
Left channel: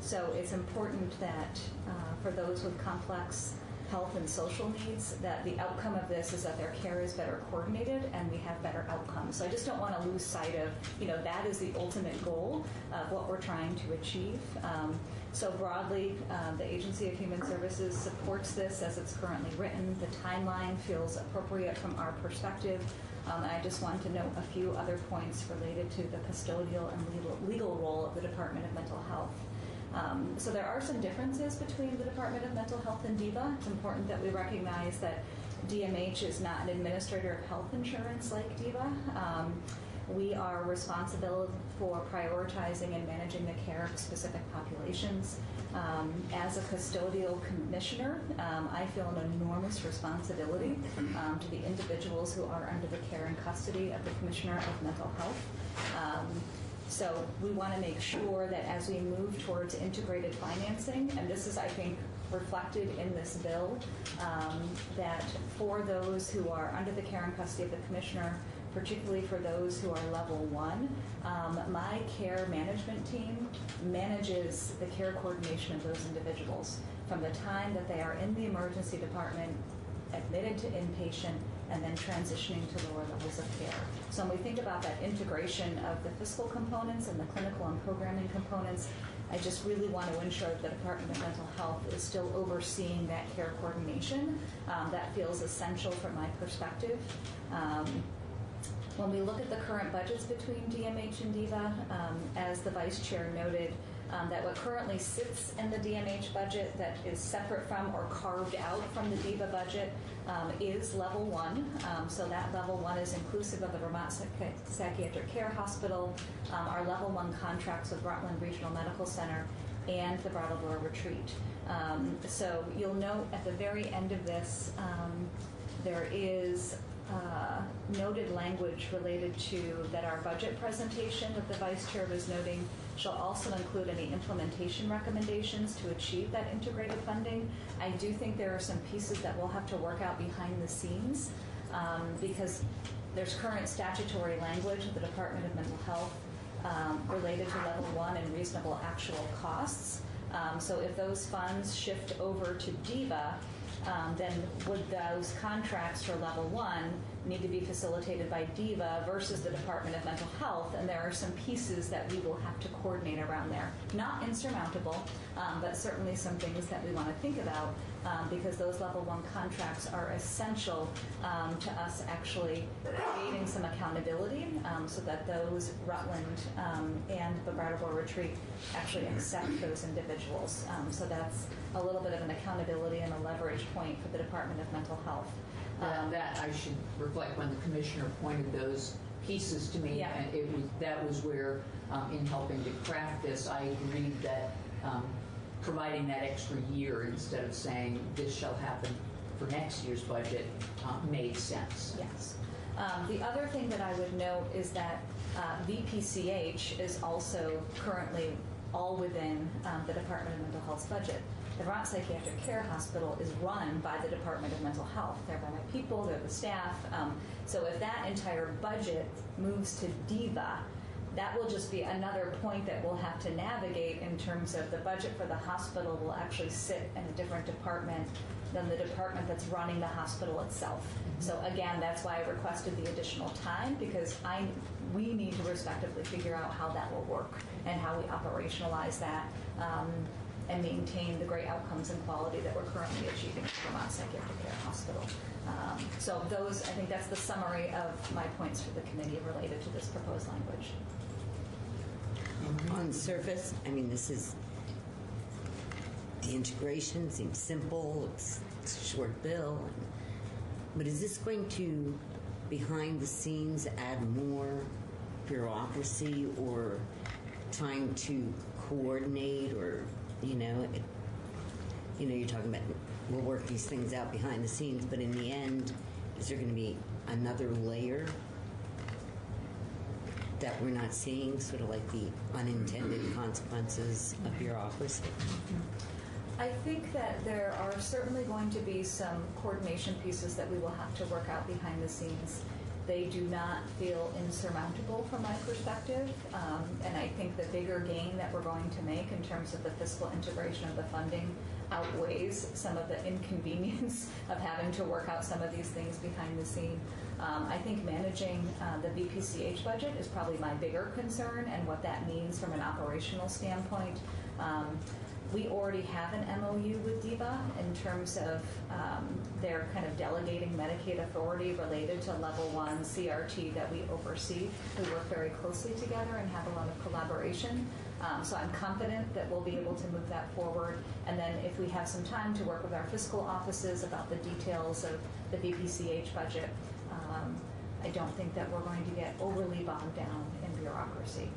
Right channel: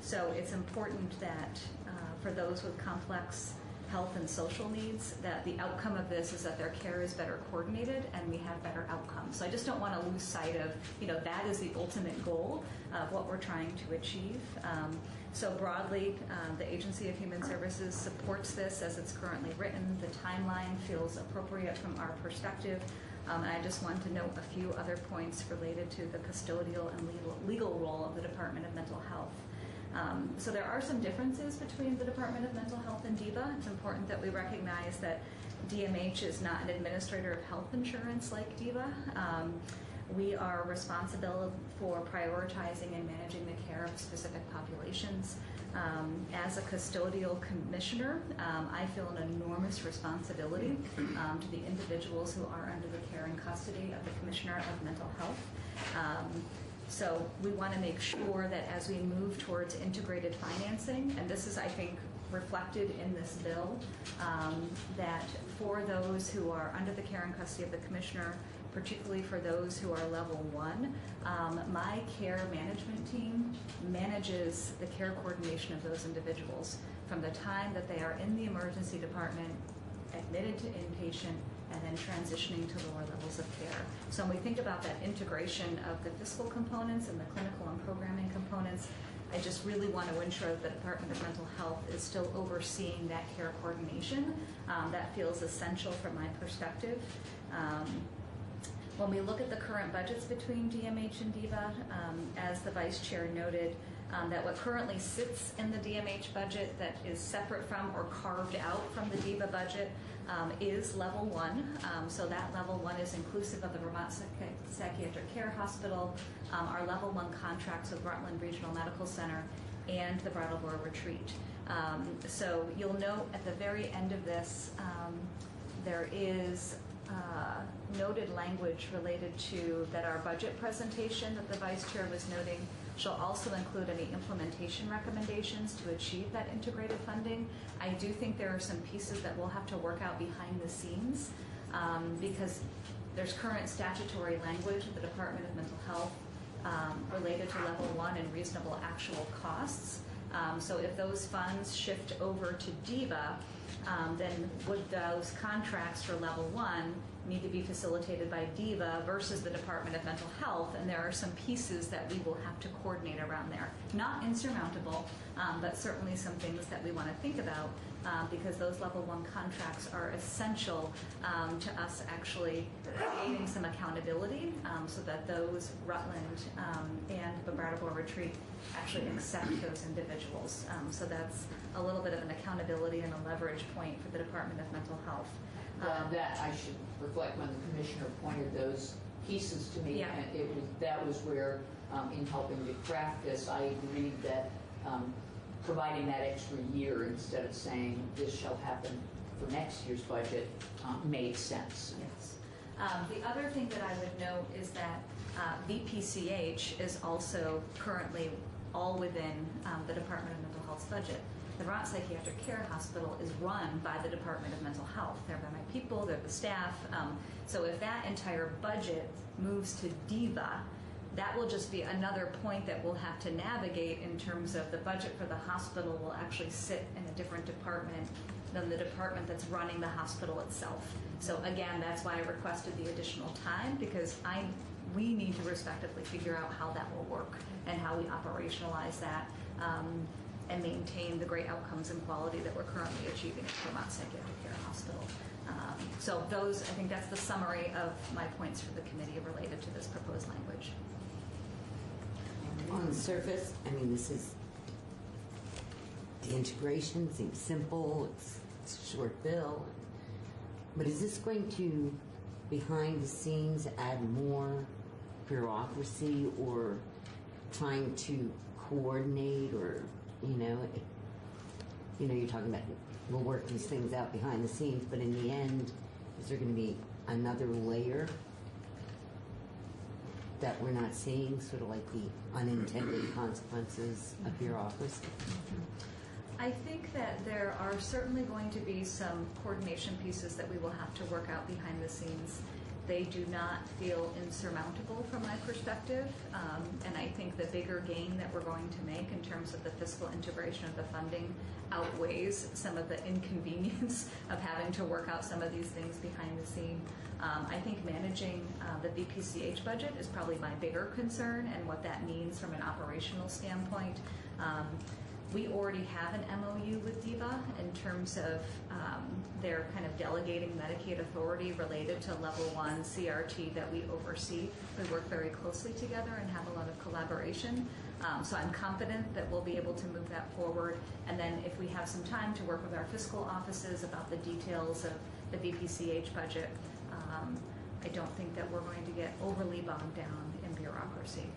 So it's important that for those with complex health and social needs, that the outcome of this is that their care is better coordinated and we have better outcomes. So I just don't want to lose sight of, that is the ultimate goal of what we're trying to achieve. So broadly, the Agency of Human Services supports this as it's currently written. The timeline feels appropriate from our perspective. And I just want to note a few other points related to the custodial and legal role of the Department of Mental Health. So there are some differences between the Department of Mental Health and DIVA. It's important that we recognize that DMH is not an administrator of health insurance like DIVA. We are responsible for prioritizing and managing the care of specific populations. As a custodial commissioner, I feel an enormous responsibility to the individuals who are under the care and custody of the Commissioner of Mental Health. So we want to make sure that as we move towards integrated financing, and this is, I think, reflected in this bill, that for those who are under the care and custody of the Commissioner, particularly for those who are level 1, my care management team manages the care coordination of those individuals from the time that they are in the emergency department, admitted to inpatient, and then transitioning to lower levels of care. So when we think about that integration of the fiscal components and the clinical and programming components, I just really want to ensure that the Department of Mental Health is still overseeing that care coordination. That feels essential from my perspective. When we look at the current budgets between DMH and DIVA, as the Vice Chair noted, that what currently sits in the DMH budget that is separate from or carved out from the DIVA budget is level 1. So that level 1 is inclusive of the Vermont Psychiatric Care Hospital, our level 1 contracts with Rutland Regional Medical Center, and the Brattleboro Retreat. So you'll note at the very end of this, there is noted language related to that our budget presentation that the Vice Chair was noting shall also include any implementation recommendations to achieve that integrated funding. I do think there are some pieces that we'll have to work out behind the scenes because there's current statutory language of the Department of Mental Health related to level 1 and reasonable actual costs. So if those funds shift over to DIVA, then would those contracts for level 1 need to be facilitated by DIVA versus the Department of Mental Health? And there are some pieces that we will have to coordinate around there. Not insurmountable, but certainly some things that we want to think about because those level 1 contracts are essential to us actually creating some accountability so that those Rutland and the Brattleboro Retreat actually accept those individuals. So that's a little bit of an accountability and a leverage point for the Department of Mental Health. That I should reflect when the commissioner pointed those pieces to me, and that was where, in helping to craft this, I agreed that providing that extra year instead of saying this shall happen for next year's budget made sense. Yes. The other thing that I would note is that VPCH is also currently all within the Department of Mental Health's budget. The Vermont Psychiatric Care Hospital is run by the Department of Mental Health. They're by my people, they're the staff. So if that entire budget moves to DIVA, that will just be another point that we'll have to navigate in terms of the budget for the hospital will actually sit in a different department than the department that's running the hospital itself. So again, that's why I requested the additional time because we need to respectively figure out how that will work and how we operationalize that and maintain the great outcomes and quality that we're currently achieving at Vermont Psychiatric Care Hospital. So those, I think that's the summary of my points for the committee related to this proposed language. On the surface, I mean, this is, the integration seems simple, it's a short bill, but is this going to, behind the scenes, add more bureaucracy or trying to coordinate or, you're talking about we'll work these things out behind the scenes, but in the end, is there going to be another layer that we're not seeing, sort of like the unintended consequences of bureaucracy? I think that there are certainly going to be some coordination pieces that we will have to work out behind the scenes. They do not feel insurmountable from my perspective, and I think the bigger gain that we're going to make in terms of the fiscal integration of the funding outweighs some of the inconvenience of having to work out some of these things behind the scene. I think managing the VPCH budget is probably my bigger concern and what that means from an operational standpoint. We already have an MOU with DIVA in terms of their kind of delegating Medicaid authority related to level 1 CRT that we oversee. We work very closely together and have a lot of collaboration. So I'm confident that we'll be able to move that forward. And then if we have some time to work with our fiscal offices about the details of the VPCH budget, I don't think that we're going to get overly bogged down in bureaucracy.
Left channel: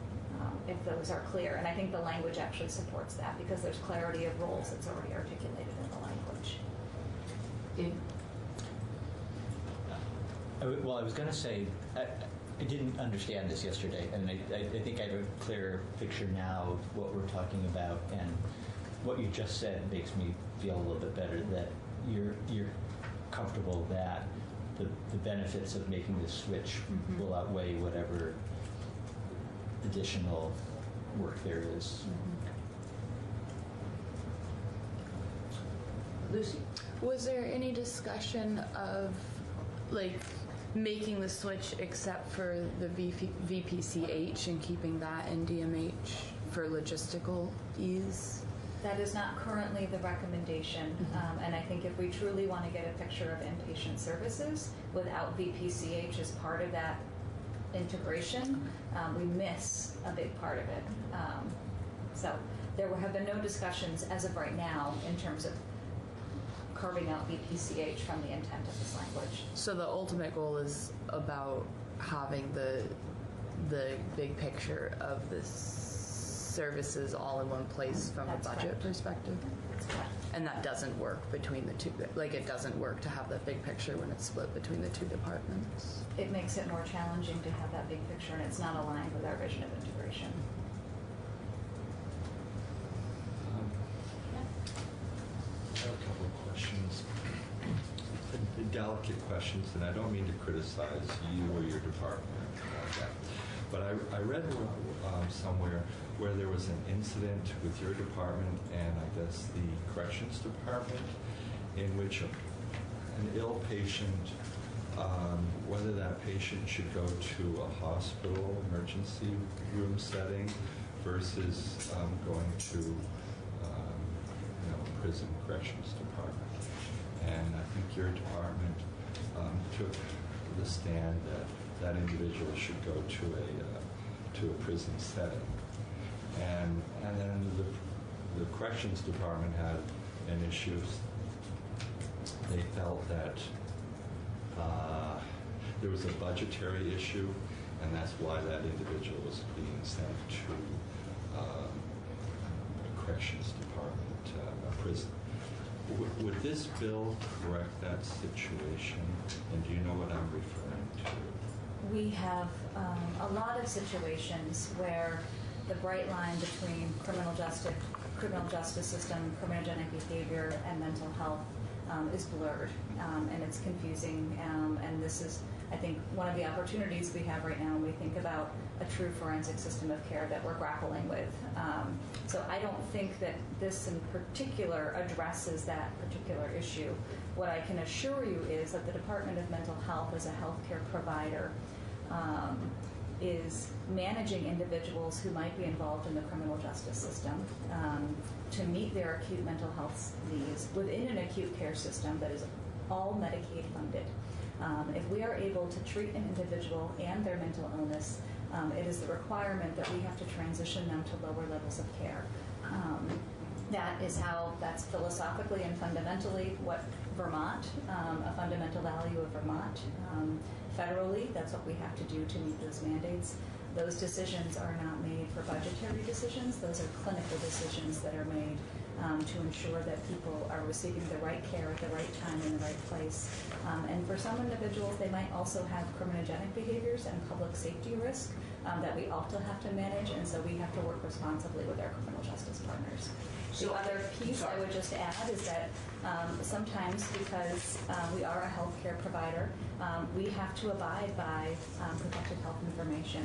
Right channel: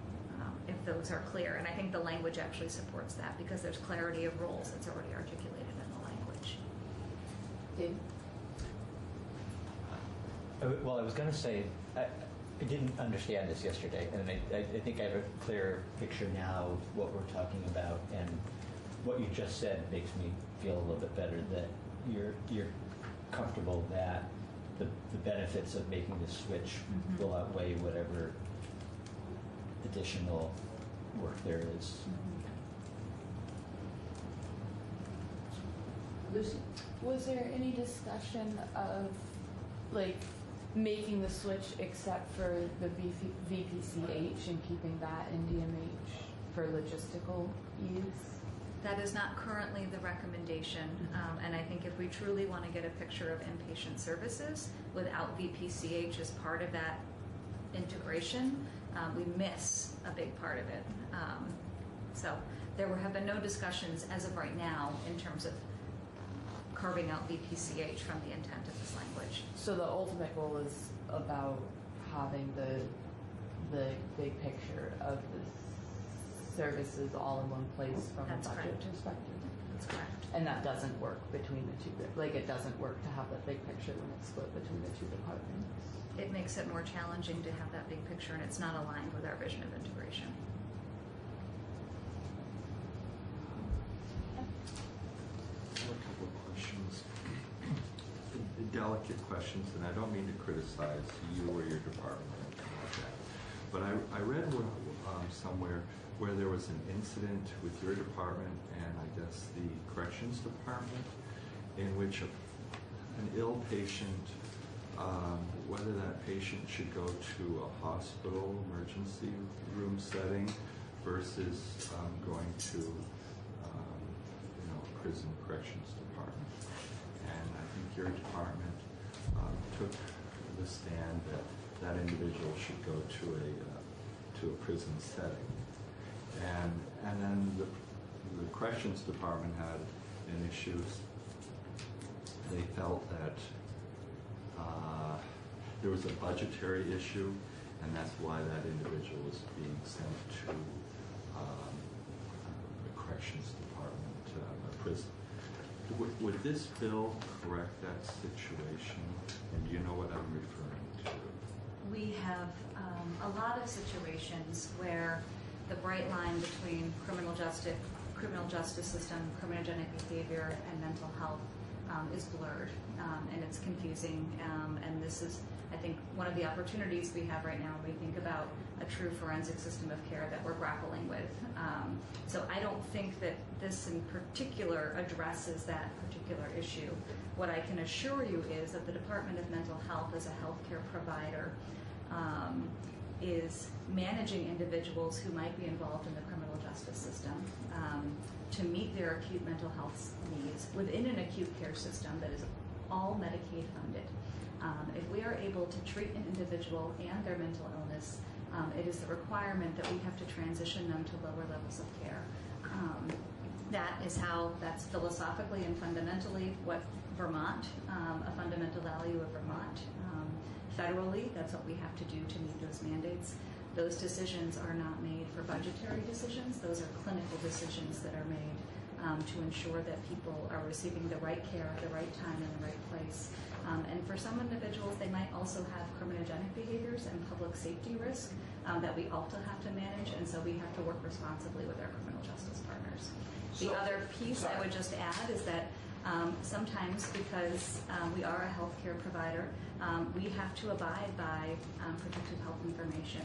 If those are clear. And I think the language actually supports that because there's clarity of roles that's already articulated in the language. Well, I was going to say, I didn't understand this yesterday, and I think I have a clearer picture now of what we're talking about, and what you just said makes me feel a little bit better that you're comfortable that the benefits of making this switch will outweigh whatever additional work there is. Lucy? Was there any discussion of making the switch except for the VPCH and keeping that in DMH for logistical ease? That is not currently the recommendation. And I think if we truly want to get a picture of inpatient services without VPCH as part of that integration, we miss a big part of it. So there have been no discussions as of right now in terms of carving out BPCH from the intent of this language. So the ultimate goal is about having the big picture of the services all in one place from That's a budget correct. perspective. That's correct. And that doesn't work between the two. Like, it doesn't work to have that big picture when it's split between the two departments. It makes it more challenging to have that big picture, and it's not aligned with our vision of integration. I have a couple of questions. Delicate questions, and I don't mean to criticize you or your department, but I read somewhere where there was an incident with your department and I guess the corrections department in which an ill patient, whether that patient should go to a hospital emergency room setting versus going to prison corrections department. And I think your department took the stand that that individual should go to a prison setting. And then the corrections department had an issue. They felt that there was a budgetary issue, and that's why that individual was being sent to the corrections department, a prison. Would this bill correct that situation? And do you know what I'm referring to? We have a lot of situations where the bright line between criminal justice system, criminogenic behavior, and mental health is blurred, and it's confusing. And this is, I think, one of the opportunities we have right now when we think about a true forensic system of care that we're grappling with. So I don't think that this in particular addresses that particular issue. What I can assure you is that the Department of Mental Health as a healthcare provider is managing individuals who might be involved in the criminal justice system to meet their acute mental health needs within an acute care system that is all Medicaid funded. If we are able to treat an individual and their mental illness, it is the requirement that we have to transition them to lower levels of care. That's philosophically and fundamentally what Vermont, a fundamental value of Vermont. Federally, that's what we have to do to meet those mandates. Those decisions are not made for budgetary decisions. Those are clinical decisions that are made to ensure that people are receiving the right care at the right time in the right place. And for some individuals, they might also have criminogenic behaviors and public safety risk that we also have to manage, and so we have to work responsibly with our criminal justice partners. The other piece I would just add is that sometimes because we are a healthcare provider, we have to abide by protected health information.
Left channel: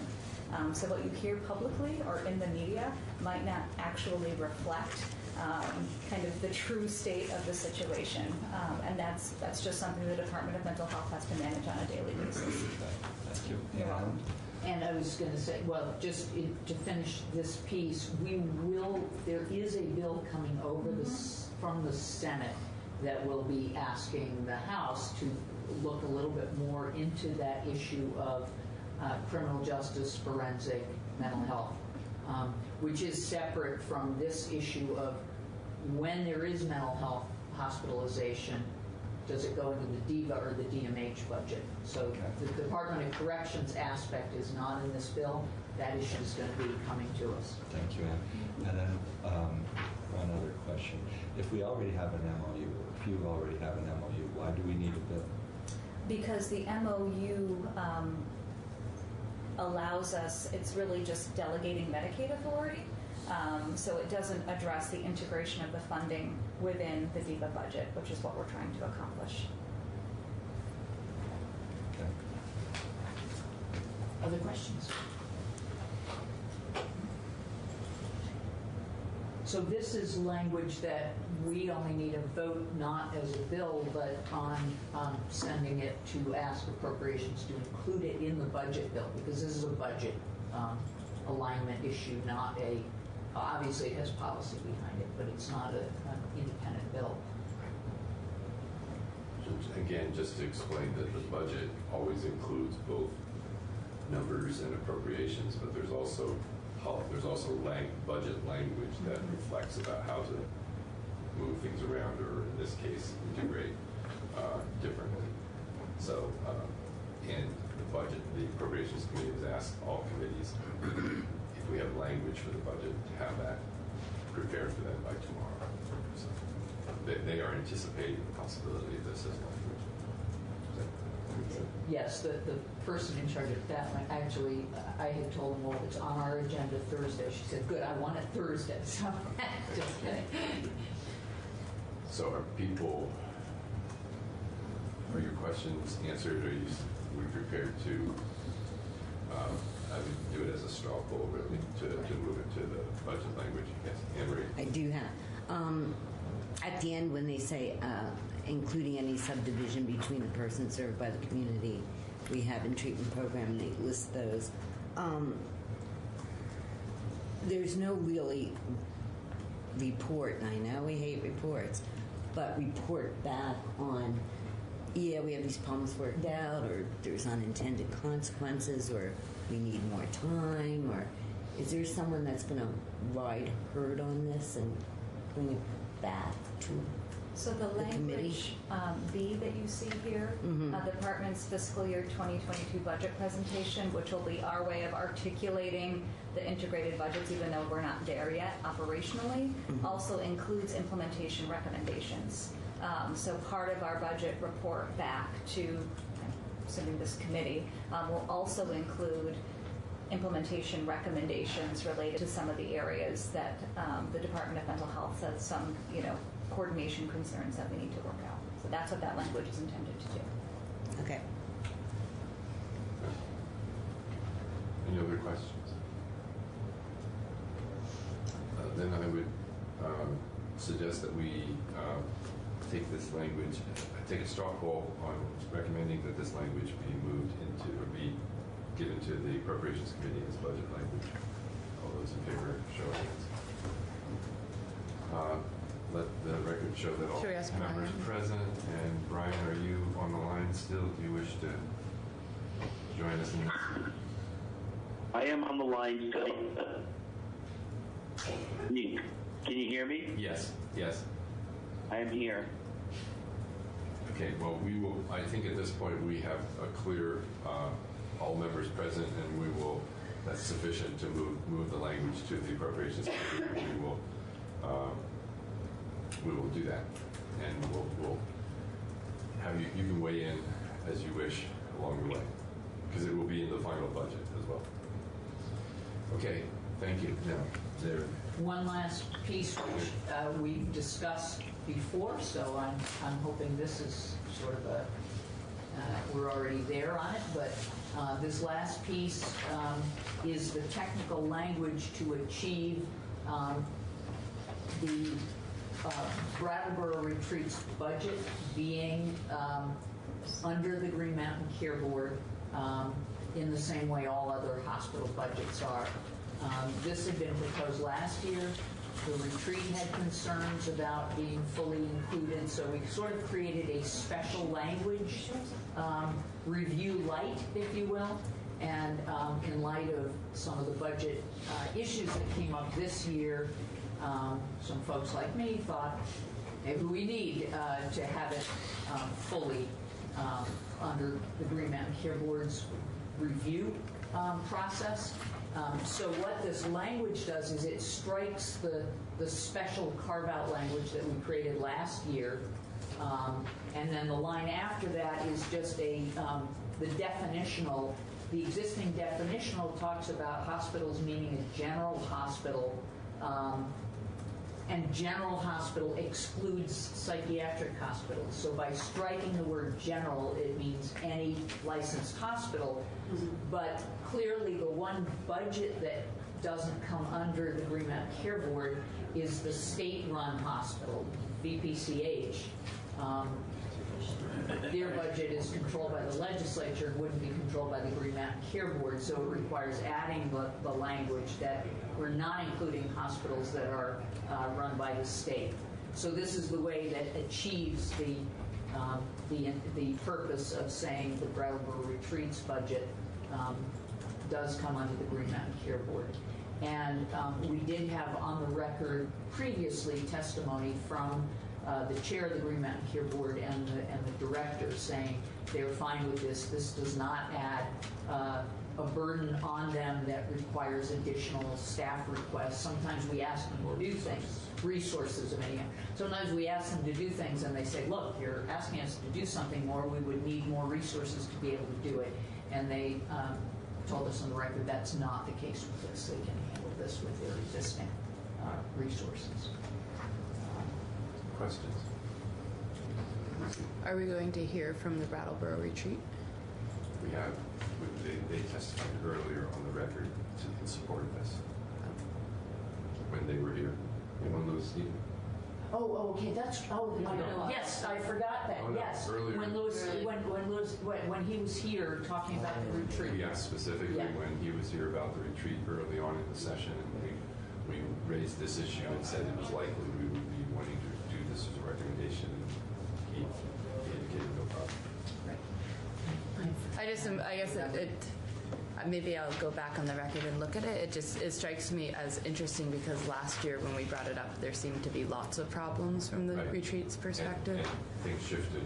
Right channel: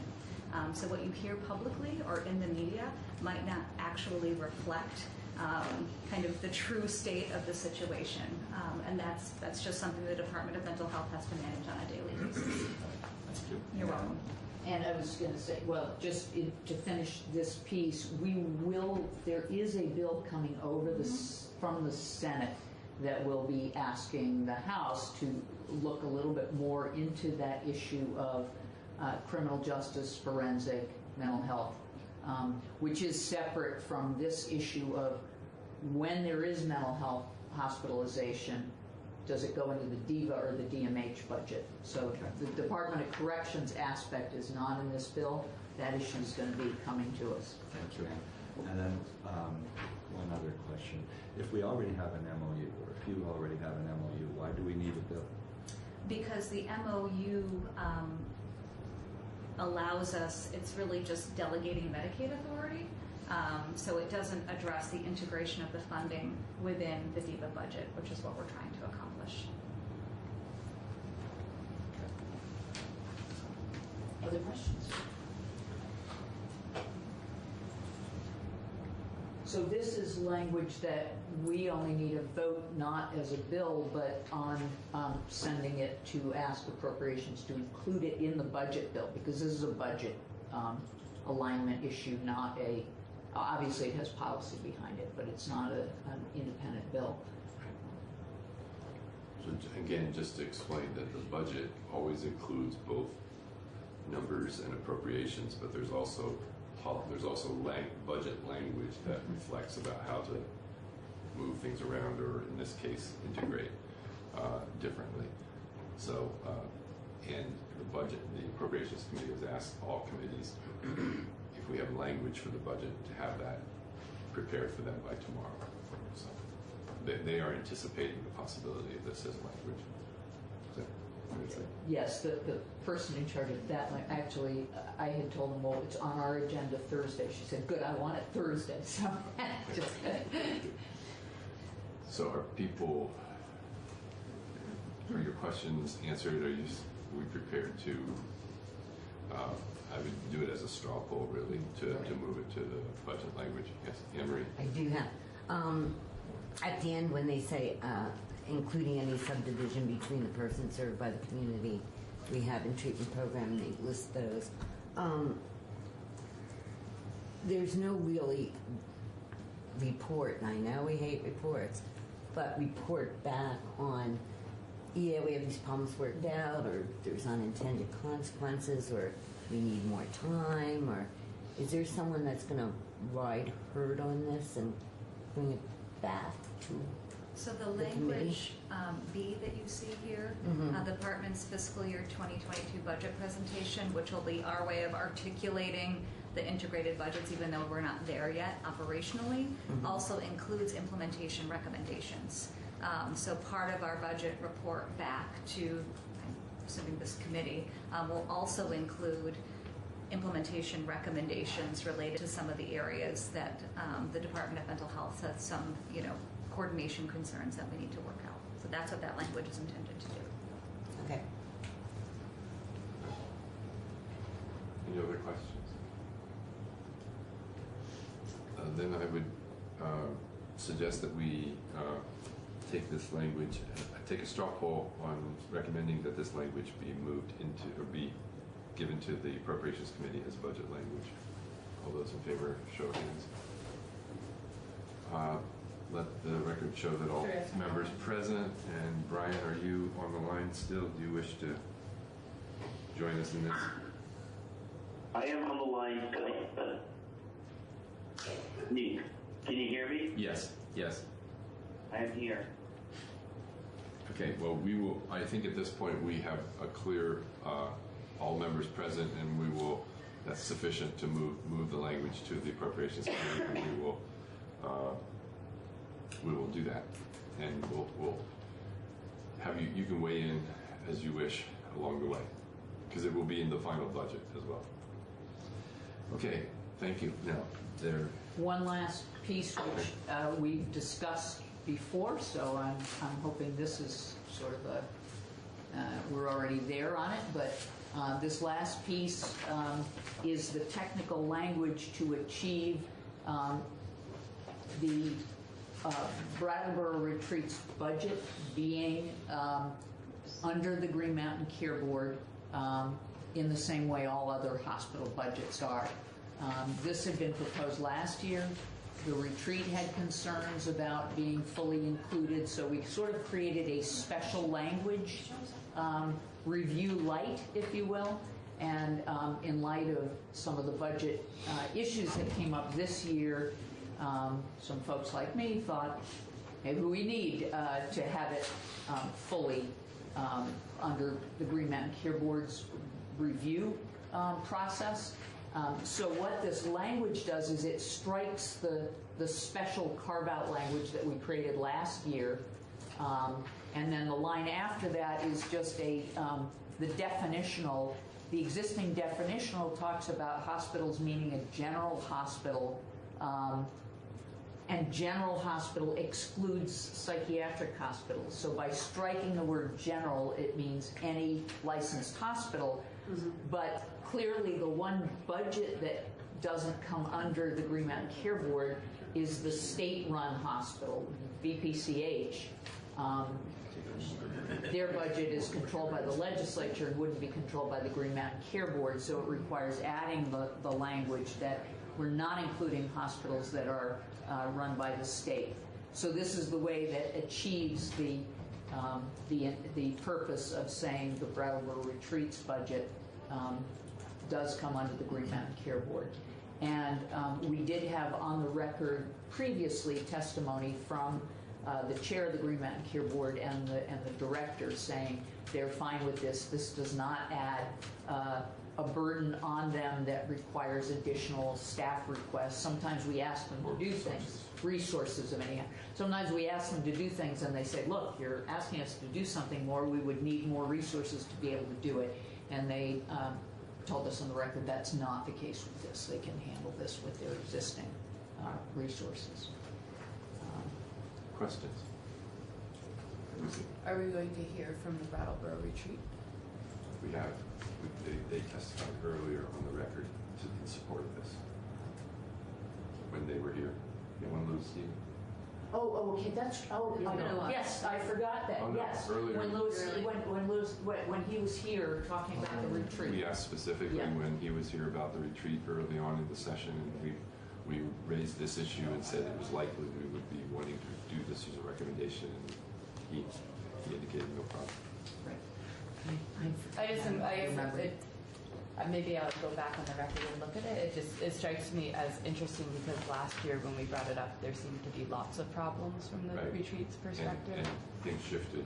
So what you hear publicly or in the media might not actually reflect kind of the true state of the situation. And that's just something the Department of Mental Health has to manage on a daily basis. Thank you. You're welcome. And I was going to say, well, just to finish this piece, there is a bill coming over from the Senate that will be asking the House to look a little bit more into that issue of criminal justice, forensic, mental health, which is separate from this issue of when there is mental health hospitalization, does it go into the DIVA or the DMH budget? So the Department of Corrections aspect is not in this bill. That issue is going to be coming to us. Thank you, Ann. And then one other question. If we already have an MOU, or if you already have an MOU, why do we need a bill? Because the MOU allows us, it's really just delegating Medicaid authority. So it doesn't address the integration of the funding within the DIVA budget, which is what we're trying to accomplish. Okay. Other questions? So this is language that we only need a vote, not as a bill, but on sending it to ask appropriations to include it in the budget bill, because this is a budget alignment issue, not a, obviously it has policy behind it, but it's not an independent bill. Again, just to explain that the budget always includes both numbers and appropriations, but there's also there's also budget language that reflects about how to move things around, or in this case, integrate differently. So, and the Appropriations Committee has asked all committees, if we have language for the budget, to have that prepared for them by tomorrow. So they are anticipating the possibility of this as language. Yes, the person in charge of that, like, actually, I had told them, well, it's on our agenda Thursday. She said, good, I want it Thursday. So, so are your questions answered? We prepared to, I would do it as a straw poll, really, to move into the budget language? Yes, Anne-Marie? I do have. At the end, when they say including any subdivision between the person served by the community rehab and treatment program, they list those. There's no really report, and I know we hate reports, but report back on, yeah, we have these problems worked out, or there's unintended consequences, or we need more time, or is there someone that's going to ride herd on this and bring it back to So the committee? language B that you see here, the department's fiscal year 2022 budget presentation, which will be our way of articulating the integrated budgets, even though we're not there yet operationally, also includes implementation recommendations. So part of our budget report back to, assuming this committee, will also include implementation recommendations related to some of the areas that the Department of Mental Health has some, coordination concerns that we need to work out. So that's what that language is intended to do. Okay. Any other questions? Then I would suggest that we take this language, take a straw poll on recommending that this language be moved into, or be given to the Appropriations Committee as budget language. All those in favor, show of hands. Let the record show that all members present. And Brian, are you on the line still? Do you wish to join us in this? I am on the line still. Can you hear me? Yes. Yes. I am here. Okay. Well, we will. I think at this point we have a clear all members present, and we will. That's sufficient to move the language to the Appropriations Committee. And we will do that, and we'll have you. You can weigh in as you wish along the way, because it will be in the final budget as well. Okay. Thank you. Now, there. One last piece which we discussed before, so I'm hoping this is sort of a, we're already there on it, but this last piece is the technical language to achieve the Brattleboro Retreats budget being under the Green Mountain Care Board in the same way all other hospital budgets are. This had been proposed last year. The retreat had concerns about being fully included, so we sort of created a special language review light, if you will. And in light of some of the budget issues that came up this year, some folks like me thought maybe we need to have it fully under the Green Mountain Care Board's review process. So what this language does is it strikes the special carve-out language that we created last year, and then the line after that is just the definitional. The existing definitional talks about hospitals meaning a general hospital, and general hospital excludes psychiatric hospitals. So by striking the word general, it means any licensed hospital, but clearly the one budget that doesn't come under the Green Mountain Care Board is the state-run hospital, VPCH. Their budget is controlled by the legislature and wouldn't be controlled by the Green Mountain Care Board, so it requires adding the language that we're not including hospitals that are run by the state. So this is the way that achieves the purpose of saying the Brattleboro Retreats budget does come under the Green Mountain Care Board. And we did have on the record previously testimony from the chair of the Green Mountain Care Board and the director saying they're fine with this. This does not add a burden on them that requires additional staff requests. Sometimes we ask them to do things, resources of any kind. Sometimes we ask them to do things and they say, look, you're asking us to do something more. We would need more resources to be able to do it. And they told us on the record that's not the case with this. They can handle this with their existing resources. Questions? Are we going to hear from the Brattleboro retreat? We have. They testified earlier on the record in support of this when they were here. Anyone lose Steve? Oh, okay. That's yes. I forgot that. Oh, no. Yes, Earlier. when he was here talking about the retreat. We asked specifically when he was here about the retreat early on in the session, and we raised this issue and said it was likely we would be wanting to do this as a recommendation, and he indicated no problem. I guess maybe I'll go back on the record and look at it. It strikes me as interesting because last year when we brought it up, there seemed to be lots of problems from the retreat's perspective. And things shifted.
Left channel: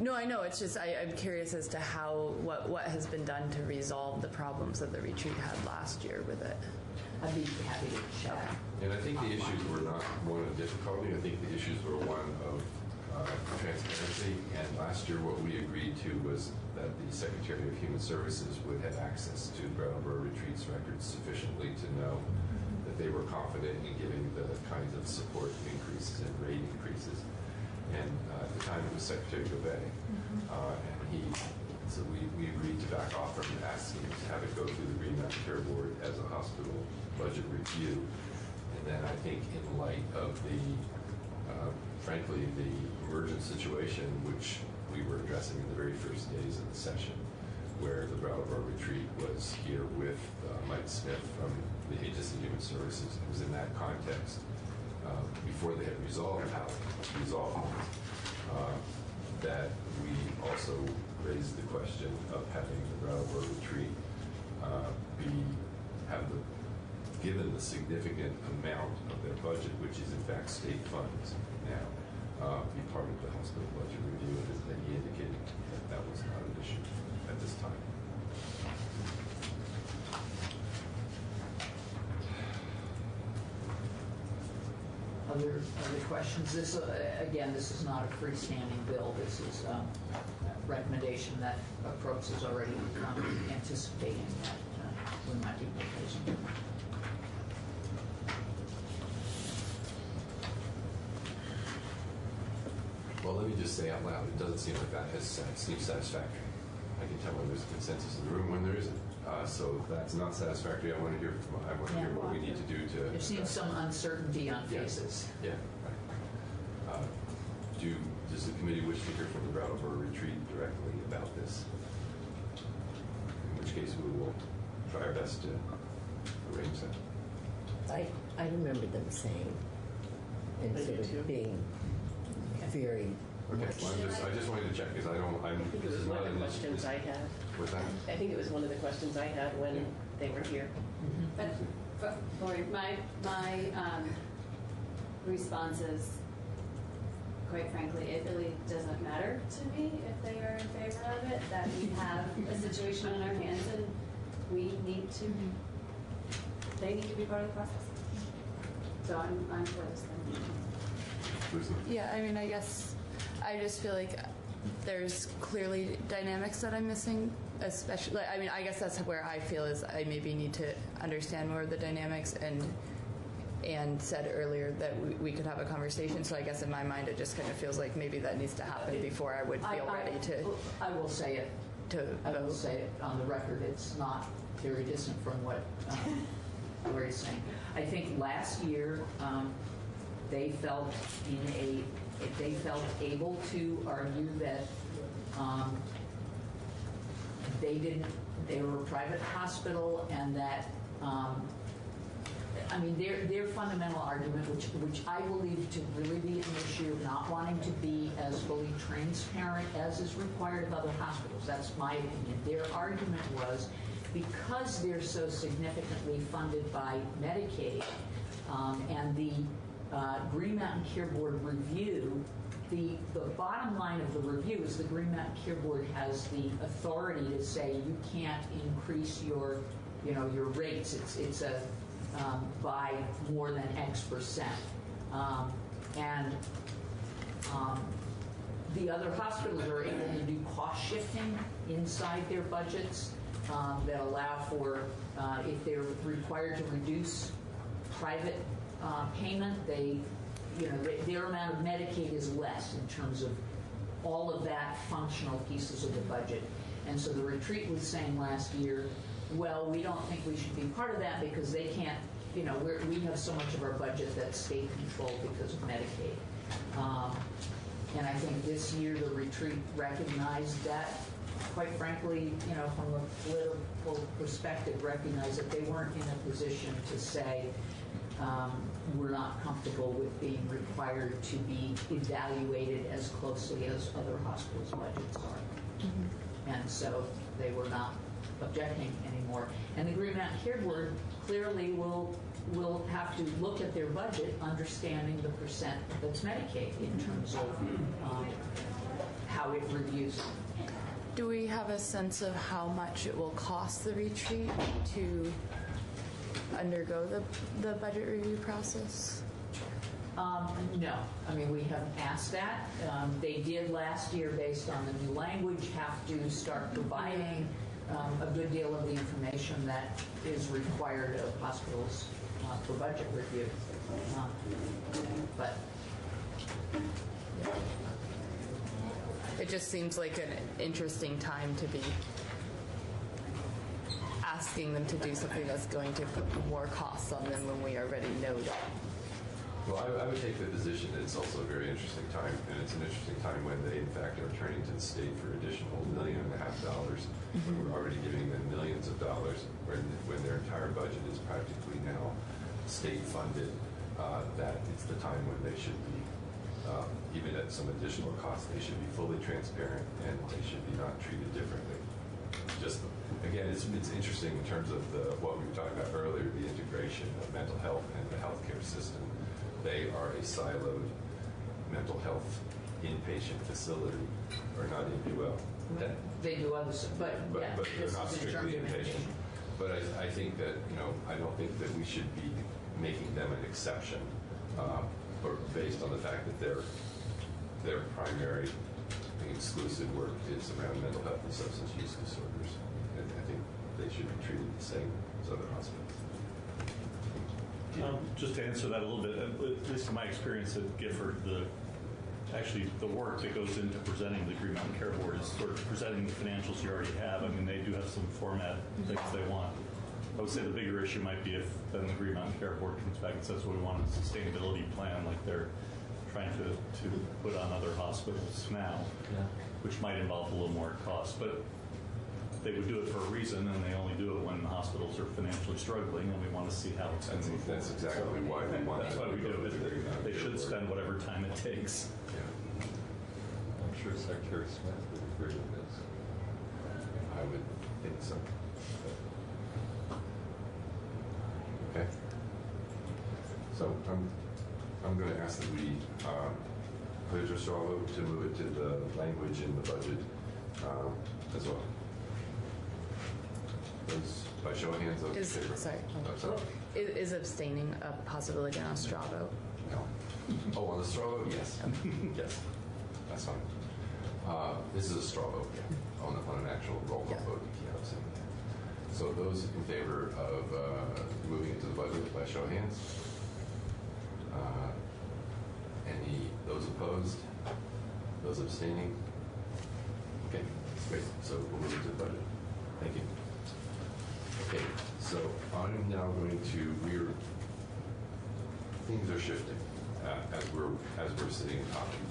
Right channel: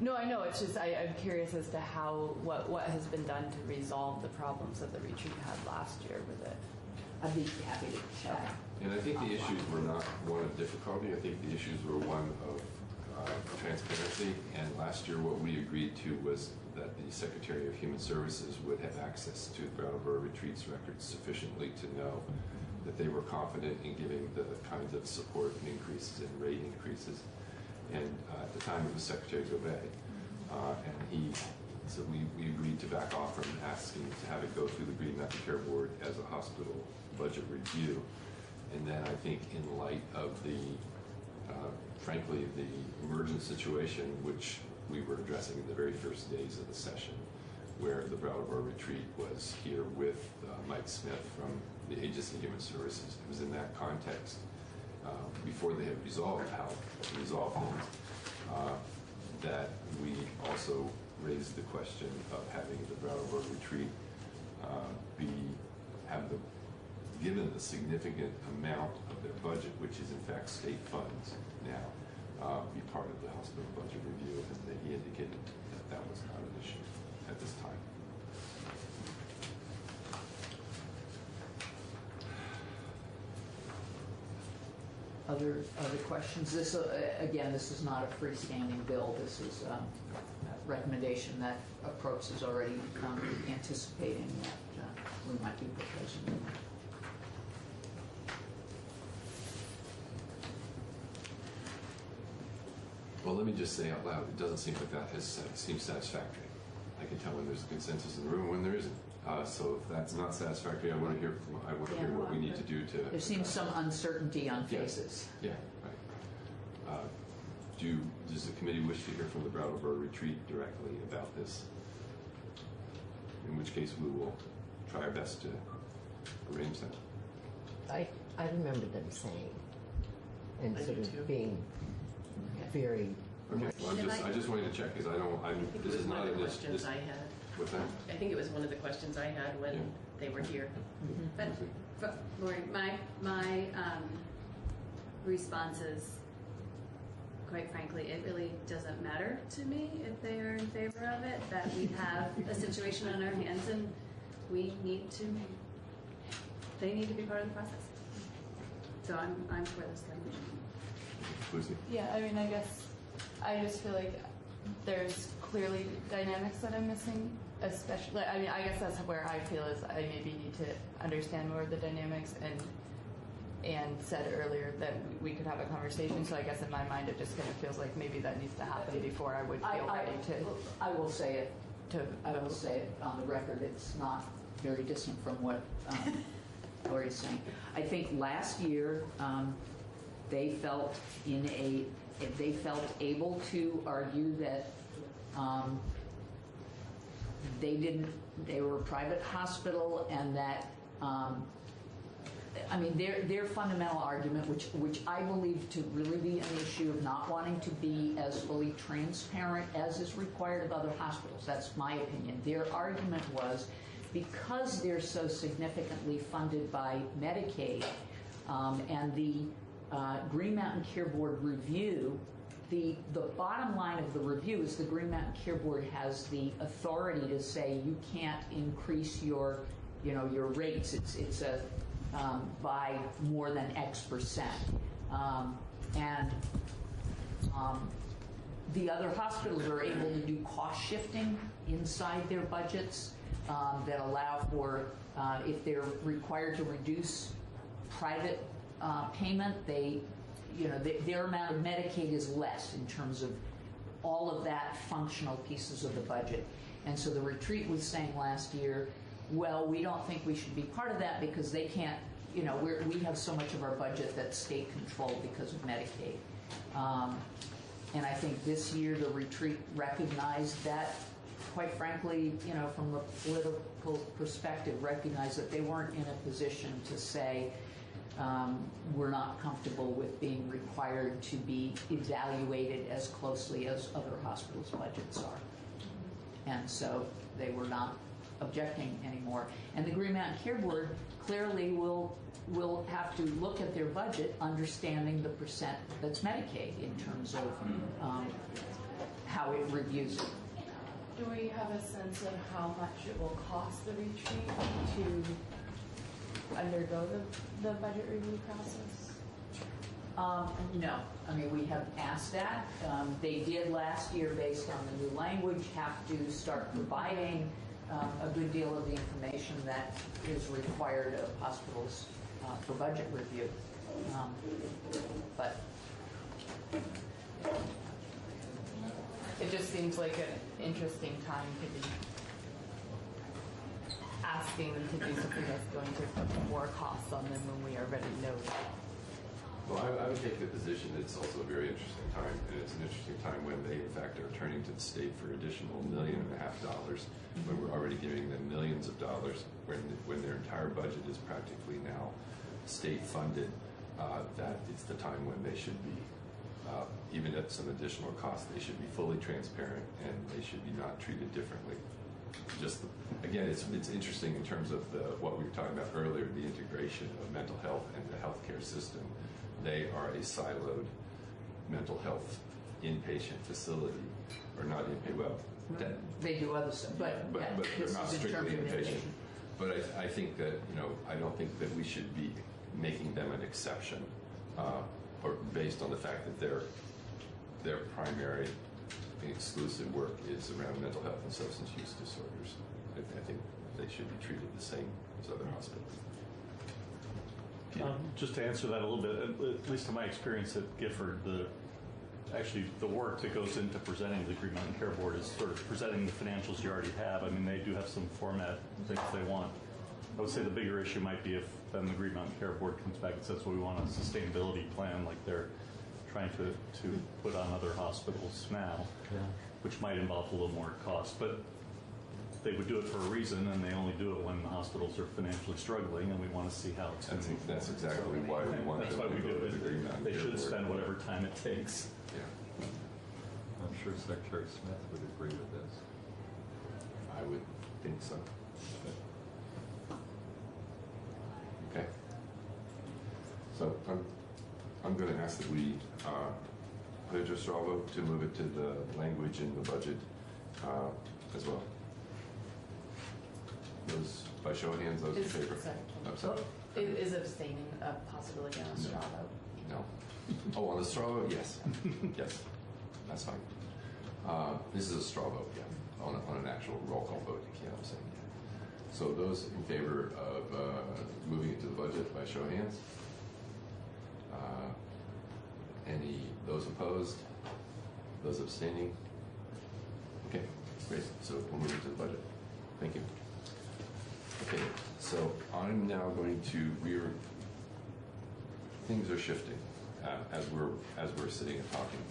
No, I know. It's just I'm curious as to what has been done to resolve the problems that the retreat had last year with it. I'd be happy to check. And I think the issues were not one of difficulty. I think the issues were one of transparency. And last year what we agreed to was that the Secretary of Human Services would have access to the Brattleboro Retreats records sufficiently to know that they were confident in giving the kinds of support increases and rate increases. And at the time it was Secretary Gobet. So we agreed to back off from asking to have it go through the Green Mountain Care Board as a hospital budget review. And then I think in light of the, frankly, the emergent situation, which we were addressing in the very first days of the session, where the Brattleboro Retreat was here with Mike Smith from the Aegis and Human Services. It was in that context, before they had resolved how to resolve things, that we also raised the question of having the Brattleboro Retreat given the significant amount of their budget, which is in fact state funds now, be part of the hospital budget review, and he indicated that was not an issue at this time. Other questions? This again, this is not a freestanding bill. This is a recommendation that approach is already anticipating that we might be proposing. Well, let me just say out loud, it doesn't seem like that seems satisfactory. I can tell when there's a consensus in the room when there isn't. So if that's not satisfactory, I want to hear what we need to do to. There seems some uncertainty on faces. Yeah. Right. Does the committee wish to hear from the Brattleboro Retreat directly about this? In which case, we will try our best to arrange that. I remember them saying, and sort of being very. Okay. Well, I just wanted to check because this is not an issue. I had. What's that? I think it was one of the questions I had when they were here. But Lori, my response is, quite frankly, it really doesn't matter to me if they are in favor of it, that we have a situation on our hands and they need to be part of the process. So I'm for this thing. Yeah, I mean, I guess I just feel like there's clearly dynamics that I'm missing, especially, I mean, I guess that's where I feel is I maybe need to understand more of the dynamics and said earlier that we could have a conversation. So I guess in my mind it just kind of feels like maybe that needs to happen before I would feel ready to. I will say it. I will say it on the record. It's not very distant from what Lori's saying. I think last year they felt able to argue that they were a private hospital and that I mean their fundamental argument, which I believe to really be an issue of not wanting to be as fully transparent as is required of other hospitals. That's my opinion. Their argument was because they're so significantly funded by Medicaid, and the Green Mountain Care Board review, the bottom line of the review is the Green Mountain Care Board has the authority to say you can't increase your rates. It's a by more than X%. The other hospitals are able to do cost shifting inside their budgets that allow for, if they're required to reduce private payment, their amount of Medicaid is less in terms of all of that functional pieces of the budget. And so the retreat was saying last year, well, we don't think we should be part of that because they can't, we have so much of our budget that's state controlled because of Medicaid. And I think this year the retreat recognized that, quite frankly, from a political perspective, recognized that they weren't in a position to say, we're not comfortable with being required to be evaluated as closely as other hospitals' budgets are. And so they were not objecting anymore. And the Green Mountain Care Board clearly will have to look at their budget, understanding the percent that's Medicaid in terms of how it reviews it. Do we have a sense of how much it will cost the retreat to undergo the budget review process? No. I mean, we haven't asked that. They did last year, based on the new language, have to start providing a good deal of the information that is required of hospitals for budget review. But it just seems like an interesting time to be asking them to do something that's going to put more costs on them when we already know that. Well, I would take the position that it's also a very interesting time, and it's an interesting time when they, in fact, are turning to the state for additional $1.5 million, when we're already giving them millions of dollars, when their entire budget is practically now state-funded, that it's the time when they should be, even at some additional cost, they should be fully transparent, and they should be not treated differently. Just, again, it's interesting in terms of what we were talking about earlier, the integration of mental health and the healthcare system. They are a siloed mental health inpatient facility, or not well. They do other stuff, but they're not strictly inpatient. But I think that I don't think that we should be making them an exception, or based on the fact that their primary and exclusive work is around mental health and substance use disorders. And I think they should be treated the same as other hospitals. Just to answer that a little bit, at least in my experience at Gifford, the work that goes into presenting the Green Mountain Care Board is sort of presenting the financials you already have. I mean, they do have some format things they want. I would say the bigger issue might be if then the Green Mountain Care Board comes back and says, well, we want a sustainability plan like they're trying to put on other hospitals now, which might involve a little more cost. But they would do it for a reason, and they only do it when the hospitals are financially struggling, and we want to see how it's going to move forward. That's exactly why we want That's why we do it. They should spend whatever time it takes. Yeah. I'm sure Secretary Smith would agree with this. I would think so. Okay. So I'm going to ask that we put it to a straw vote to move it to the language in the budget as well. Those, by show of hands, those in favor? Sorry. Is abstaining a possibility on a straw vote? No. Oh, on the straw vote, yes. Yes, that's fine. This is a straw vote, yeah. On an actual roll call vote, you can't abstain. So those in favor of moving it to the budget by show of hands? Those opposed? Those abstaining? Okay, great. So we'll move it to the budget. Thank you. Okay, so I'm now going to, things are shifting as we're sitting and talking.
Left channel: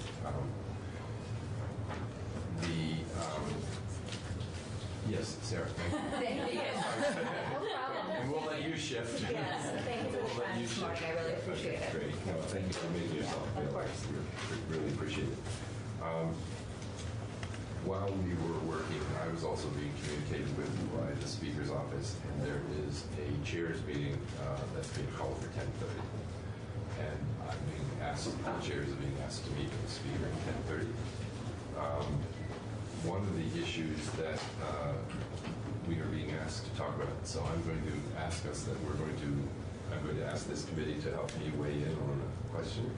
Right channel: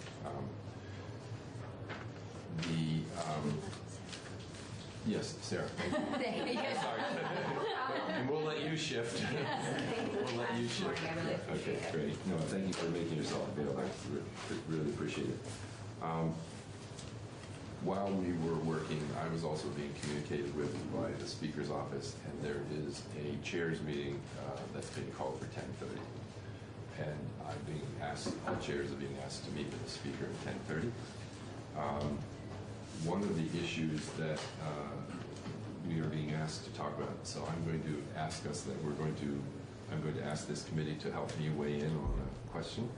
Yes, Sarah. Thank you. And we'll let you shift. Yes, thank you. We'll let you shift. I really appreciate it. Great. No, thank you for making yourself feel like we really appreciate it. while we were working, I was also being communicated with by the Speaker's office, and there is a chairs meeting that's being called for 10:30. And I'm being asked, the chairs are being asked to meet with the Speaker at 10:30. One of the issues that we are being asked to talk about, so I'm going to ask us that I'm going to ask this committee to help me weigh in on the question.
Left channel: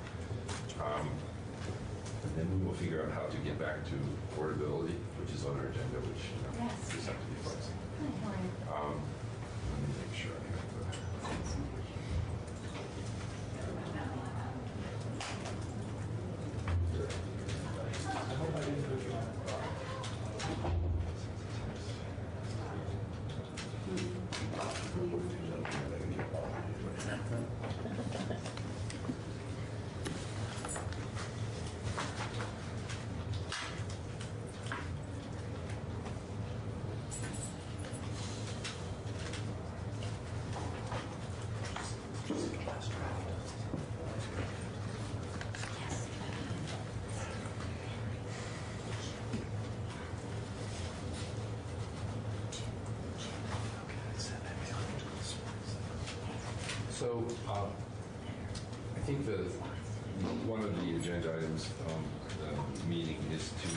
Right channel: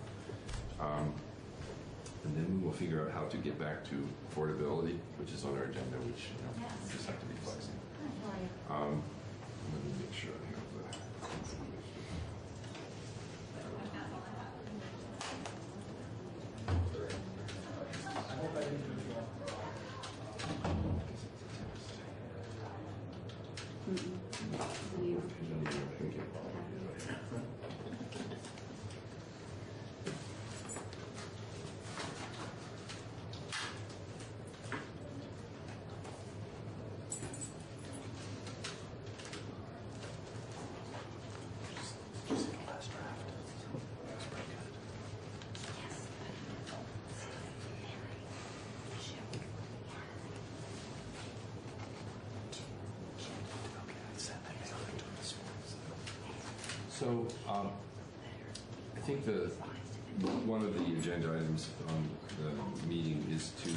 And then we will figure out how to get back to affordability, which is on our agenda, which just have to be flexible. Let me make sure I have the. So, I think one of the agenda items from the meeting is to,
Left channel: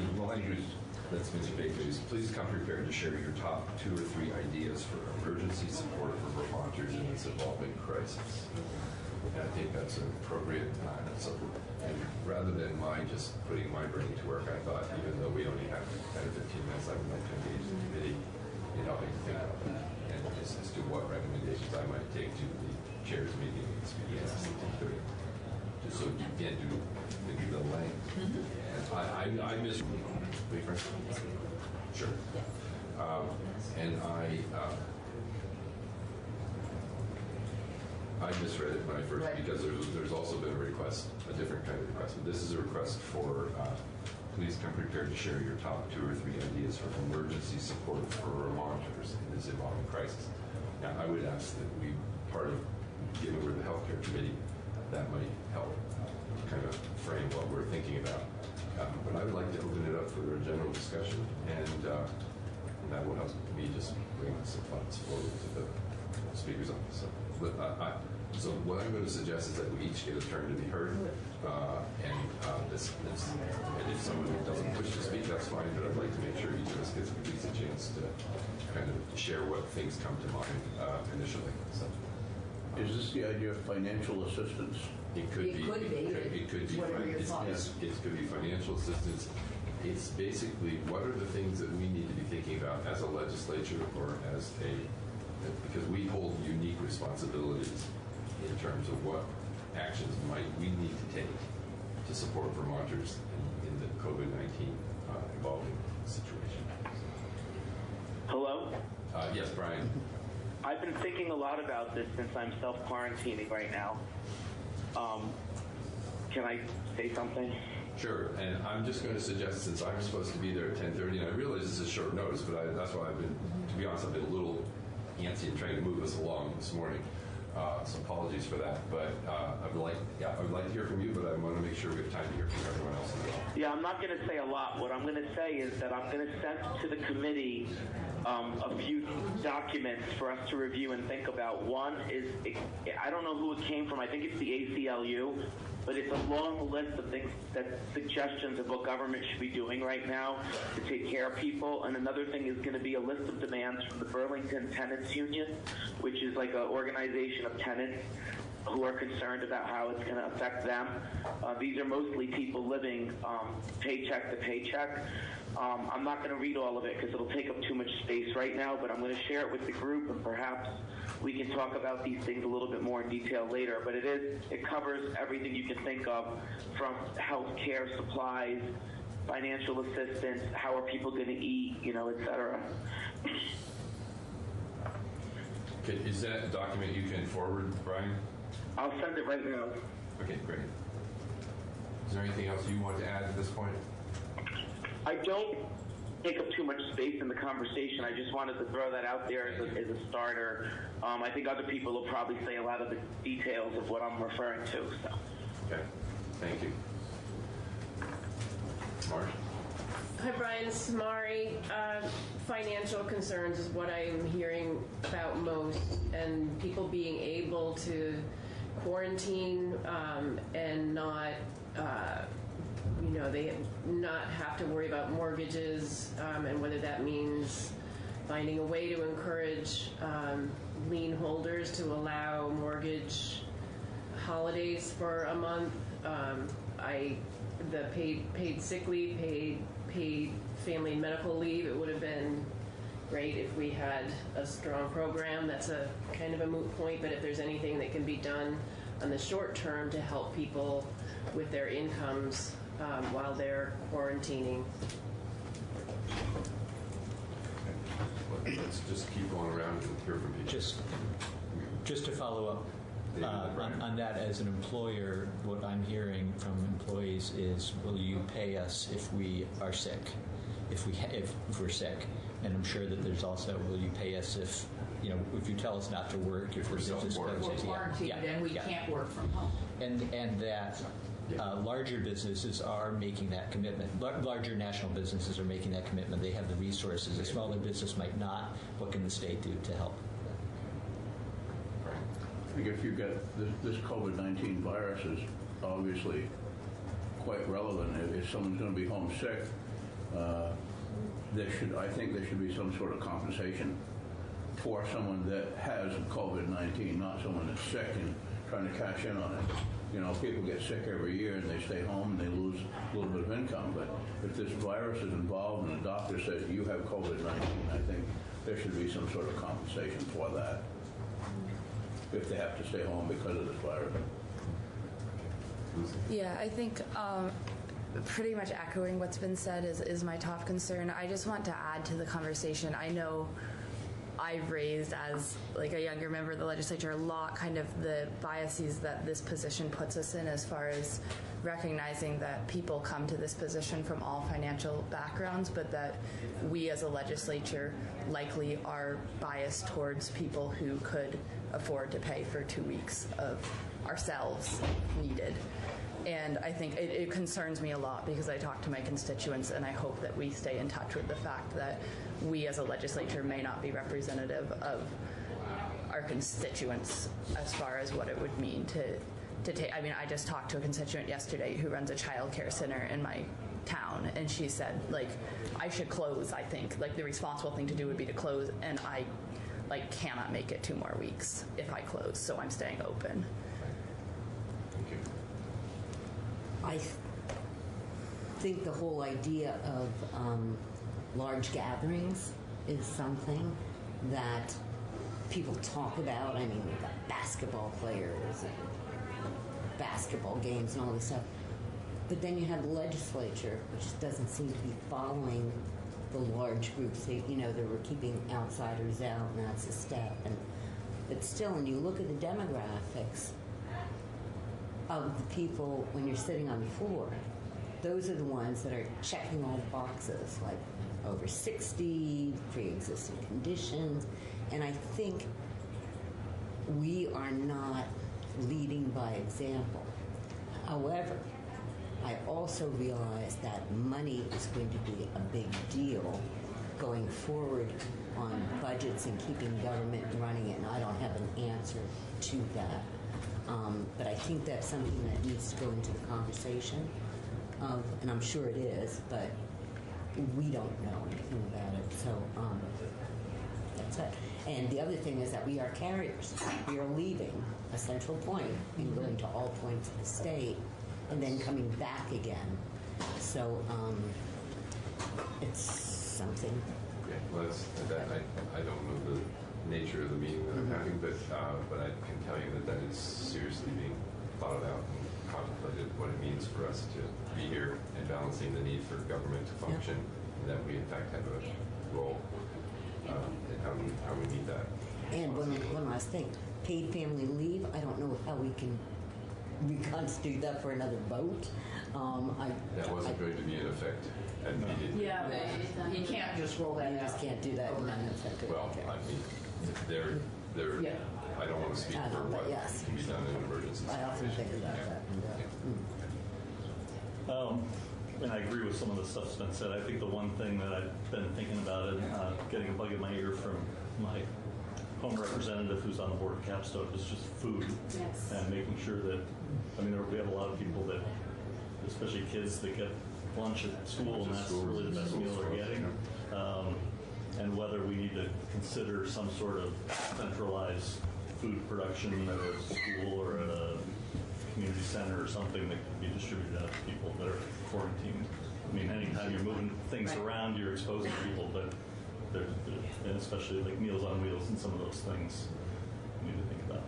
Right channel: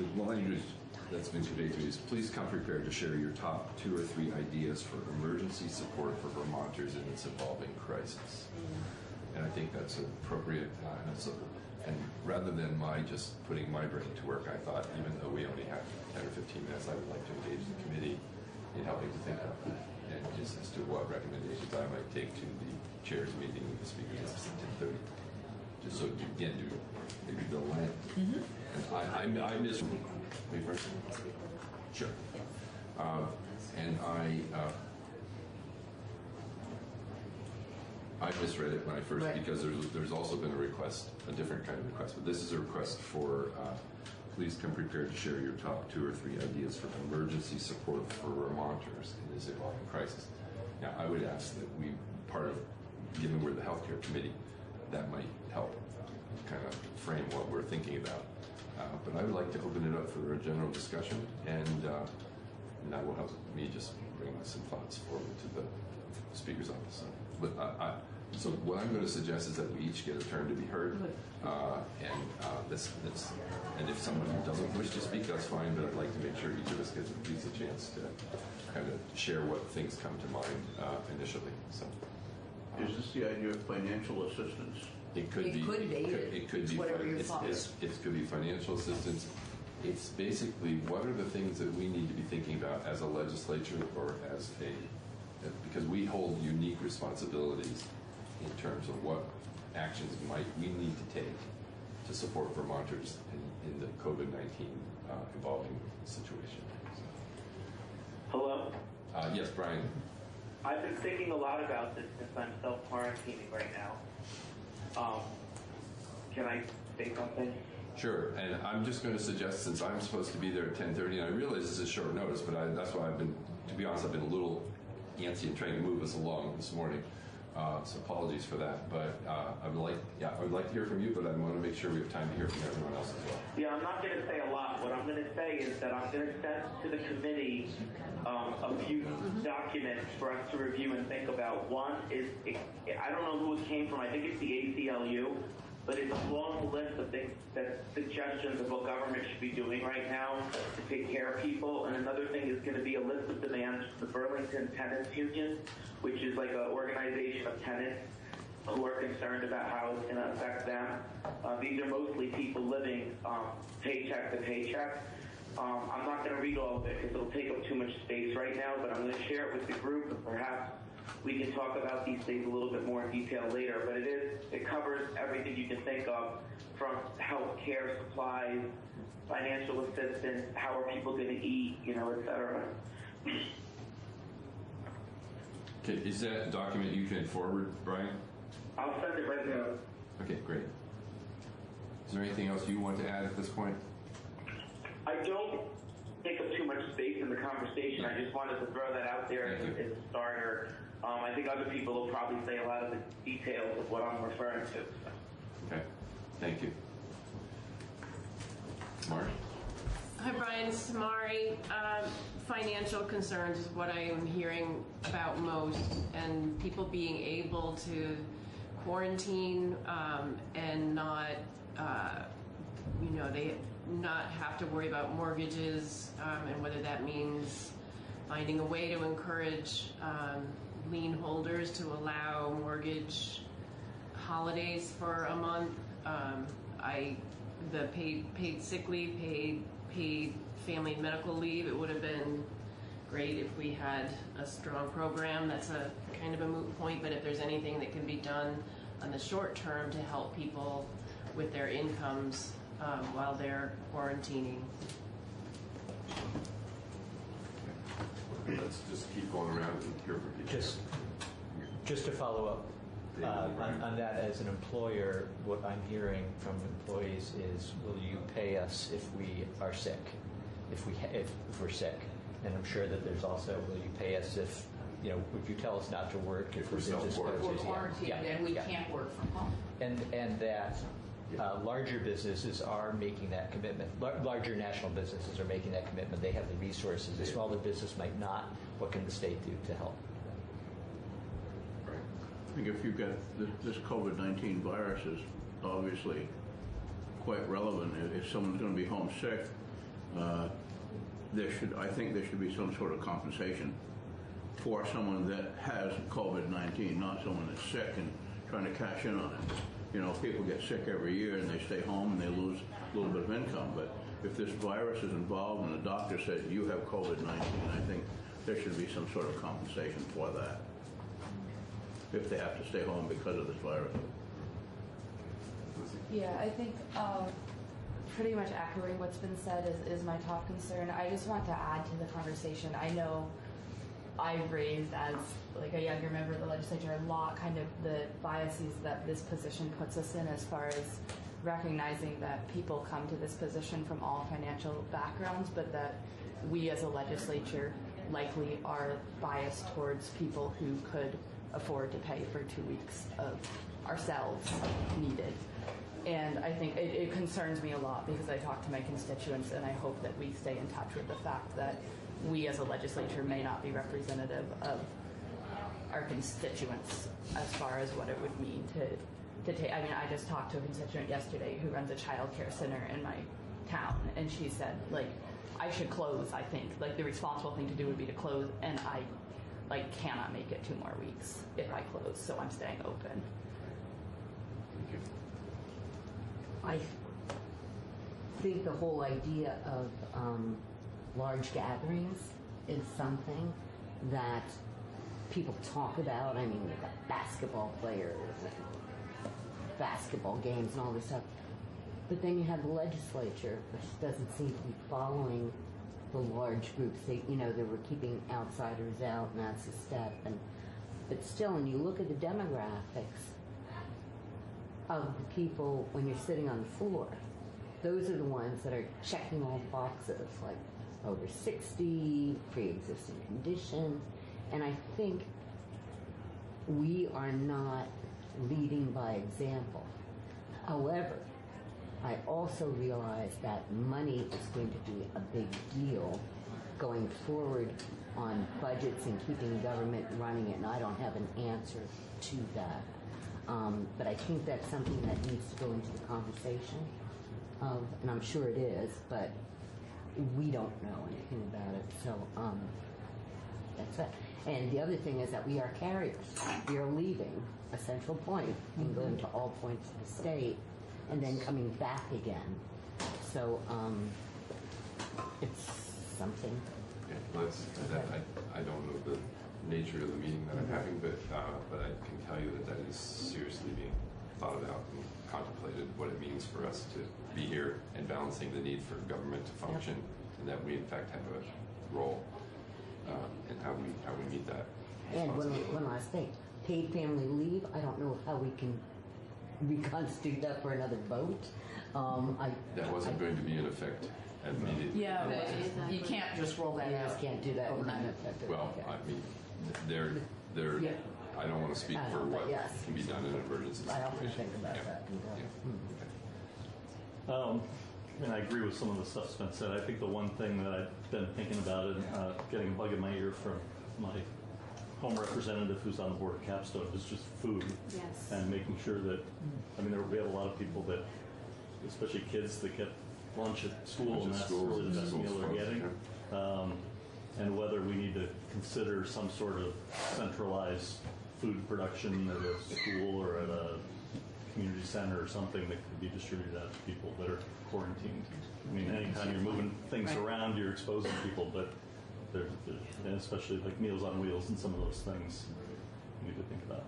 the language that's been conveyed to me is, please come prepared to share your top 2 or 3 ideas for emergency support for Vermonters in this evolving crisis. And I think that's appropriate. And rather than my just putting my brain to work, I thought, even though we only have 10 or 15 minutes, I would like to engage the committee in helping to think about that. And just as to what recommendations I might take to the chair's meeting in this meeting at 10:30. Just so you can do maybe the length. I just, wait for it. Sure. And I misread it when I first, because there's also been a request, a different kind of request. But this is a request for, please come prepared to share your top 2 or 3 ideas for emergency support for Vermonters in this evolving crisis. Now, I would ask that we, part of, given we're the healthcare committee, that might help kind of frame what we're thinking about. But I would like to open it up for a general discussion, and that will help me just bring some thoughts forward to the Speaker's office. So what I'm going to suggest is that we each get a turn to be heard, and if someone doesn't wish to speak, that's fine. But I'd like to make sure each of us gets at least a chance to kind of share what things come to mind initially. So, is this the idea of financial assistance? It could be. It could be. Whatever your thoughts. It could be financial assistance. It's basically what are the things that we need to be thinking about as a legislature or as because we hold unique responsibilities in terms of what actions we need to take to support Vermonters in the COVID-19 evolving situation. Hello? Yes, Brian. I've been thinking a lot about this since I'm self-quarantining right now. Can I say something? Sure, and I'm just going to suggest, since I'm supposed to be there at 10:30, and I realize this is short notice, but that's why I've been, to be honest, I've been a little antsy and trying to move us along this morning. So apologies for that, but I would like to hear from you, but I want to make sure we have time to hear from everyone else as well. Yeah, I'm not going to say a lot. What I'm going to say is that I'm going to send to the committee a few documents for us to review and think about. One is, I don't know who it came from. I think it's the ACLU, but it's a long list of things, that suggestions of what government should be doing right now to take care of people. And another thing is going to be a list of demands from the Burlington Tenants Union, which is like an organization of tenants who are concerned about how it's going to affect them. These are mostly people living paycheck to paycheck. I'm not going to read all of it because it'll take up too much space right now, but I'm going to share it with the group, and perhaps we can talk about these things a little bit more in detail later. But it covers everything you can think of, from health care, supplies, financial assistance, how are people going to eat, et cetera. Okay, is that a document you can forward, Brian? I'll send it right now. Okay, great. Is there anything else you want to add at this point? I don't take up too much space in the conversation. I just wanted to throw that out there as a starter. I think other people will probably say a lot of the details of what I'm referring to. So. Okay, thank you. Mark? Mari. Financial concerns is what I am hearing about most, and people being able to quarantine and not, they not have to worry about mortgages, and whether that means finding a way to encourage lien holders to allow mortgage holidays for a month. The paid sick leave, paid family and medical leave. It would have been great if we had a strong program. That's a kind of a moot point, but if there's anything that can be done on the short term to help people with their incomes while they're quarantining. Let's just keep going around and hear from people. Just to follow up on that, as an employer, what I'm hearing from employees is, will you pay us if we are sick, if we're sick? And I'm sure that there's also, will you pay us if you tell us not to work, if we're quarantined and we can't work from home. And that larger businesses are making that commitment. Larger national businesses are making that commitment. They have the resources. A smaller business might not. What can the state do to help? I think if you get this COVID-19 virus is obviously quite relevant. If someone's going to be homesick, I think there should be some sort of compensation for someone that has COVID-19, not someone that's sick and trying to cash in on it. People get sick every year and they stay home and they lose a little bit of income. But if this virus is involved and the doctor says you have COVID-19, I think there should be some sort of compensation for that if they have to stay home because of this virus. Yeah, I think pretty much echoing what's been said is my top concern. I just want to add to the conversation. I know I've raised as like a younger member of the legislature a lot kind of the biases that this position puts us in, as far as recognizing that people come to this position from all financial backgrounds, but that we as a legislature likely are biased towards people who could afford to pay for 2 weeks of ourselves needed. And I think it concerns me a lot, because I talk to my constituents and I hope that we stay in touch with the fact that we as a legislature may not be representative of our constituents as far as what it would mean to take. I mean, I just talked to a constituent yesterday who runs a child care center in my town, and she said, like, I should close, I think. Like, the responsible thing to do would be to close, and I cannot make it 2 more weeks if I close, so I'm staying open. Thank you. I think the whole idea of large gatherings is something that people talk about. I mean, we've got basketball players and basketball games and all this stuff. But then you have the legislature, which doesn't seem to be following the large groups. They were keeping outsiders out, and that's a step. But still, when you look at the demographics of the people when you're sitting on the floor, those are the ones that are checking all the boxes, like over 60, pre-existing conditions. And I think we are not leading by example. However, I also realize that money is going to be a big deal going forward on budgets and keeping government running it, and I don't have an answer to that. But I think that's something that needs to go into the conversation of, and I'm sure it is, but we don't know anything about it. So that's it. And the other thing is that we are carriers. We are leaving a central point and going to all points of the state and then coming back again. So it's something. Okay, well, I don't know the nature of the meeting that I'm having, but I can tell you that is seriously being thought about and contemplated, what it means for us to be here and balancing the need for government to function, and that we in fact have a role, and how we meet that. And one last thing, paid family leave, I don't know how we can reconstitute that for another vote. That wasn't going to be in effect immediately. Yeah, but you can't just roll that out. You just can't do that. Well, I mean, they're I don't want to speak for what can be done in emergencies. I often think about that. and I agree with some of the stuff Spence said. I think the one thing that I've been thinking about and getting a bug in my ear from my home representative who's on the board of Capstone is just food. Yes. And making sure that, I mean, we have a lot of people that, especially kids that get lunch at school, and that's really the best meal they're getting. And whether we need to consider some sort of centralized food production at a school or at a community center or something that can be distributed out to people that are quarantined. I mean, anytime you're moving things around, you're exposing people, but and especially like Meals on Wheels and some of those things we need to think about.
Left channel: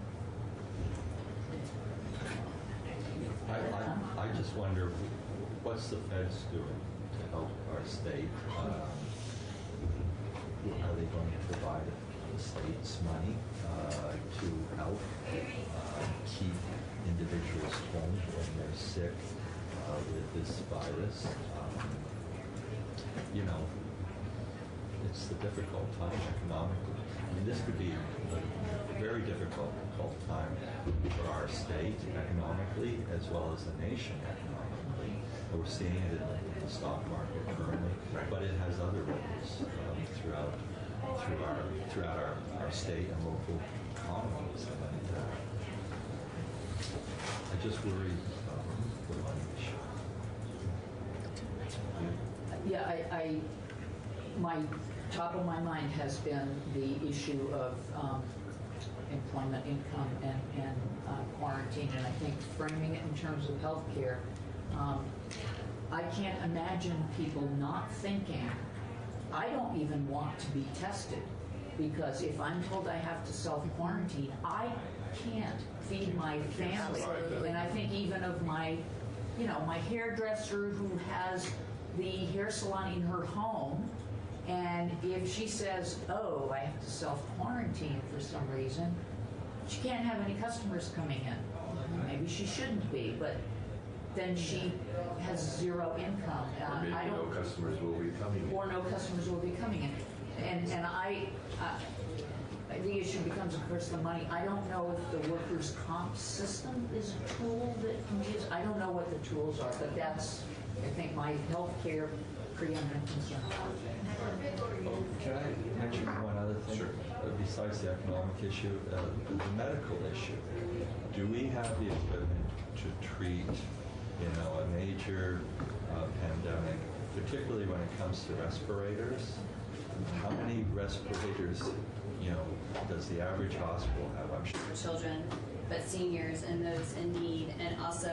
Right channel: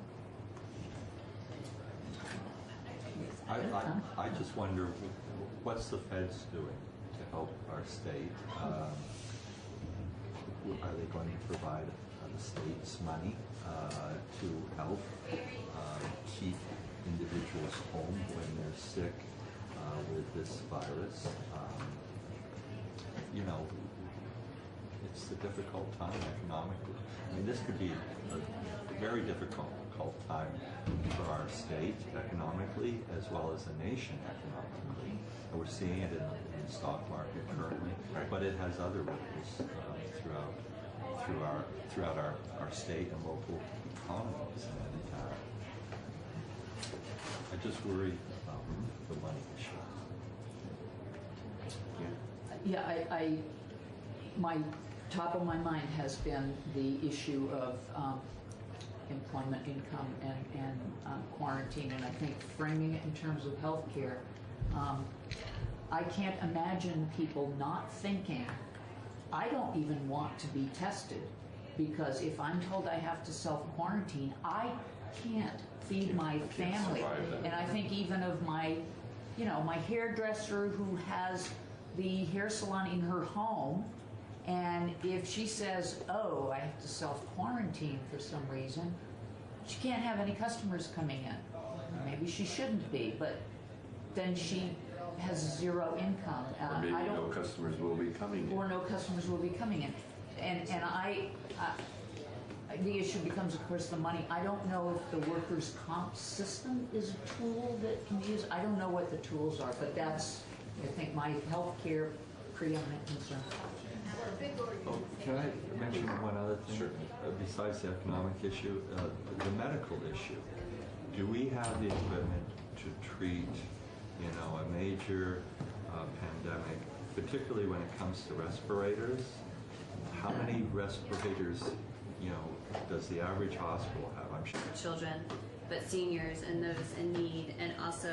I just wonder, what's the feds doing to help our state? Are they going to provide the state's money to help keep individuals home when they're sick with this virus? You know, it's a difficult time economically. I mean, this could be a very difficult time for our state economically as well as the nation economically. And we're seeing it in the stock market currently, but it has other ripples throughout our state and local economies. And I just worry about the money issue. Yeah, my top of my mind has been the issue of employment income and quarantine, and I think framing it in terms of healthcare, I can't imagine people not thinking, I don't even want to be tested, because if I'm told I have to self-quarantine, I can't feed my family. And I think even of my hairdresser who has the hair salon in her home, and if she says, oh, I have to self-quarantine for some reason, she can't have any customers coming in. Maybe she shouldn't be, but then she has zero income. Maybe no customers will be coming in. Or no customers will be coming in. And the issue becomes, of course, the money. I don't know if the workers' comp system is a tool that can be used. I don't know what the tools are, but that's, I think, my healthcare preeminent concern. Oh, can I mention one other thing? Sure. Besides the economic issue, the medical issue. Do we have the equipment to treat, a major pandemic, particularly when it comes to respirators? How many respirators, does the average hospital have? I'm sure. Children, but seniors and those in need, and also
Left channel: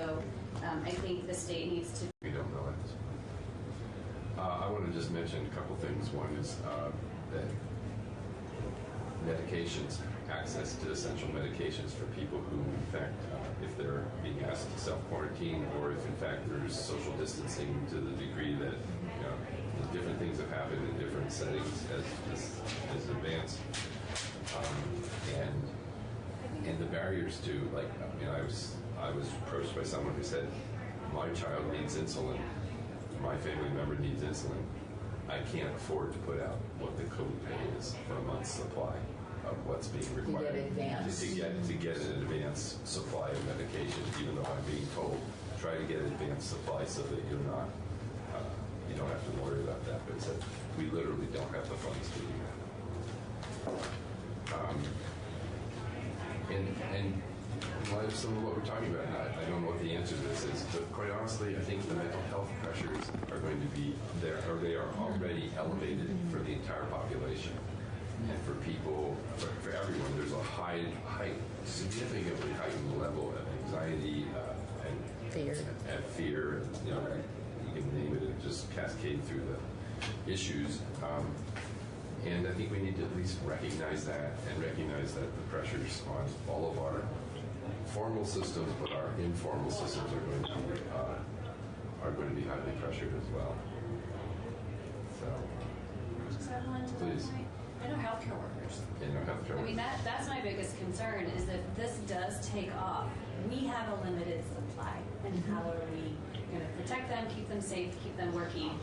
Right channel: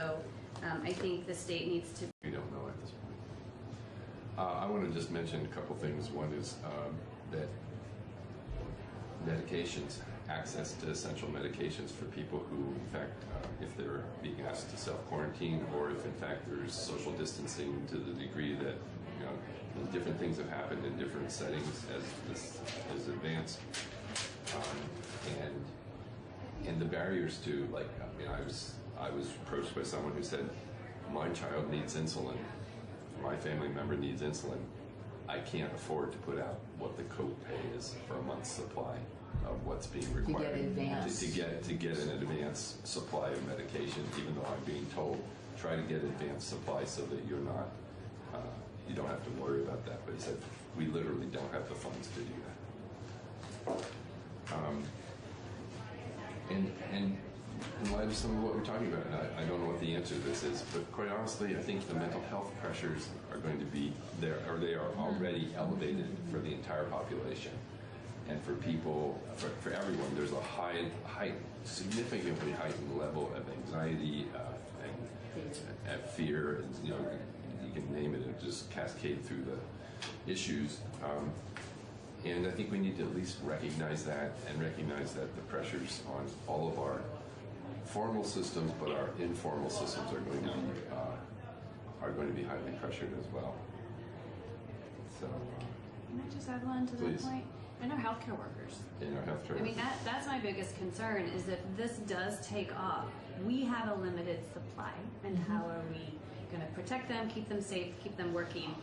I think the state needs to. We don't know at this point. I want to just mention a couple things. One is that medications, access to essential medications for people who, in fact, if they're being asked to self-quarantine, or if in fact there's social distancing to the degree that different things have happened in different settings as this is advanced, and the barriers to, I was approached by someone who said, my child needs insulin, my family member needs insulin. I can't afford to put out what the code pay is for a month's supply of what's being required. To get advance. To get an advanced supply of medication, even though I'm being told, try to get advanced supply so that you're not, you don't have to worry about that. But he said, we literally don't have the funds to do that. And in light of some of what we're talking about, and I don't know what the answer to this is, but quite honestly, I think the mental health pressures are going to be there, or they are already elevated for the entire population. And for people, for everyone, there's a significantly heightened level of anxiety and fear. And, you can name it, and just cascade through the issues. And I think we need to at least recognize that, and recognize that the pressures on all of our formal systems, but our informal systems are going to be highly pressured as well. So, Just add on to that point. I know healthcare workers. Healthcare. I mean, that's my biggest concern is that this does take off. We have a limited supply, and how are we going to protect them, keep them safe, keep them working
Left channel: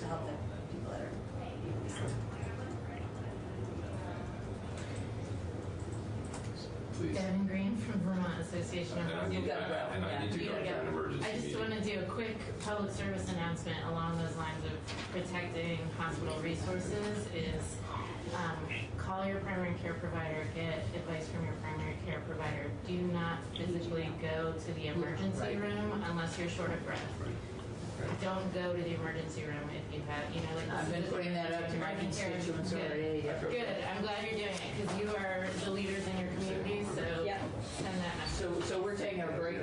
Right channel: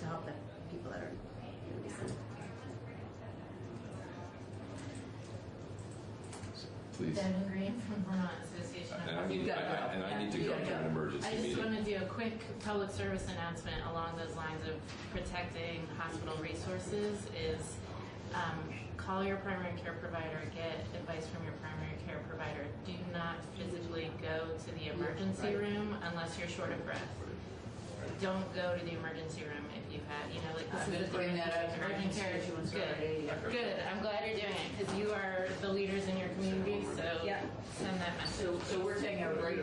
to help the people that are. Please. Devin Green from Vermont Association of And I Hospital. need, and I need to go to an emergency I just meeting. want to do a quick public service announcement along those lines of protecting hospital resources is call your primary care provider, get advice from your primary care provider. Do not physically go to the emergency room unless you're short of breath. Don't go to the emergency room if you have, like I'm going to bring that up to my urgent care. constituents already. Good. I'm glad you're doing it because you are the leaders in your community. So send that message. So we're taking a break.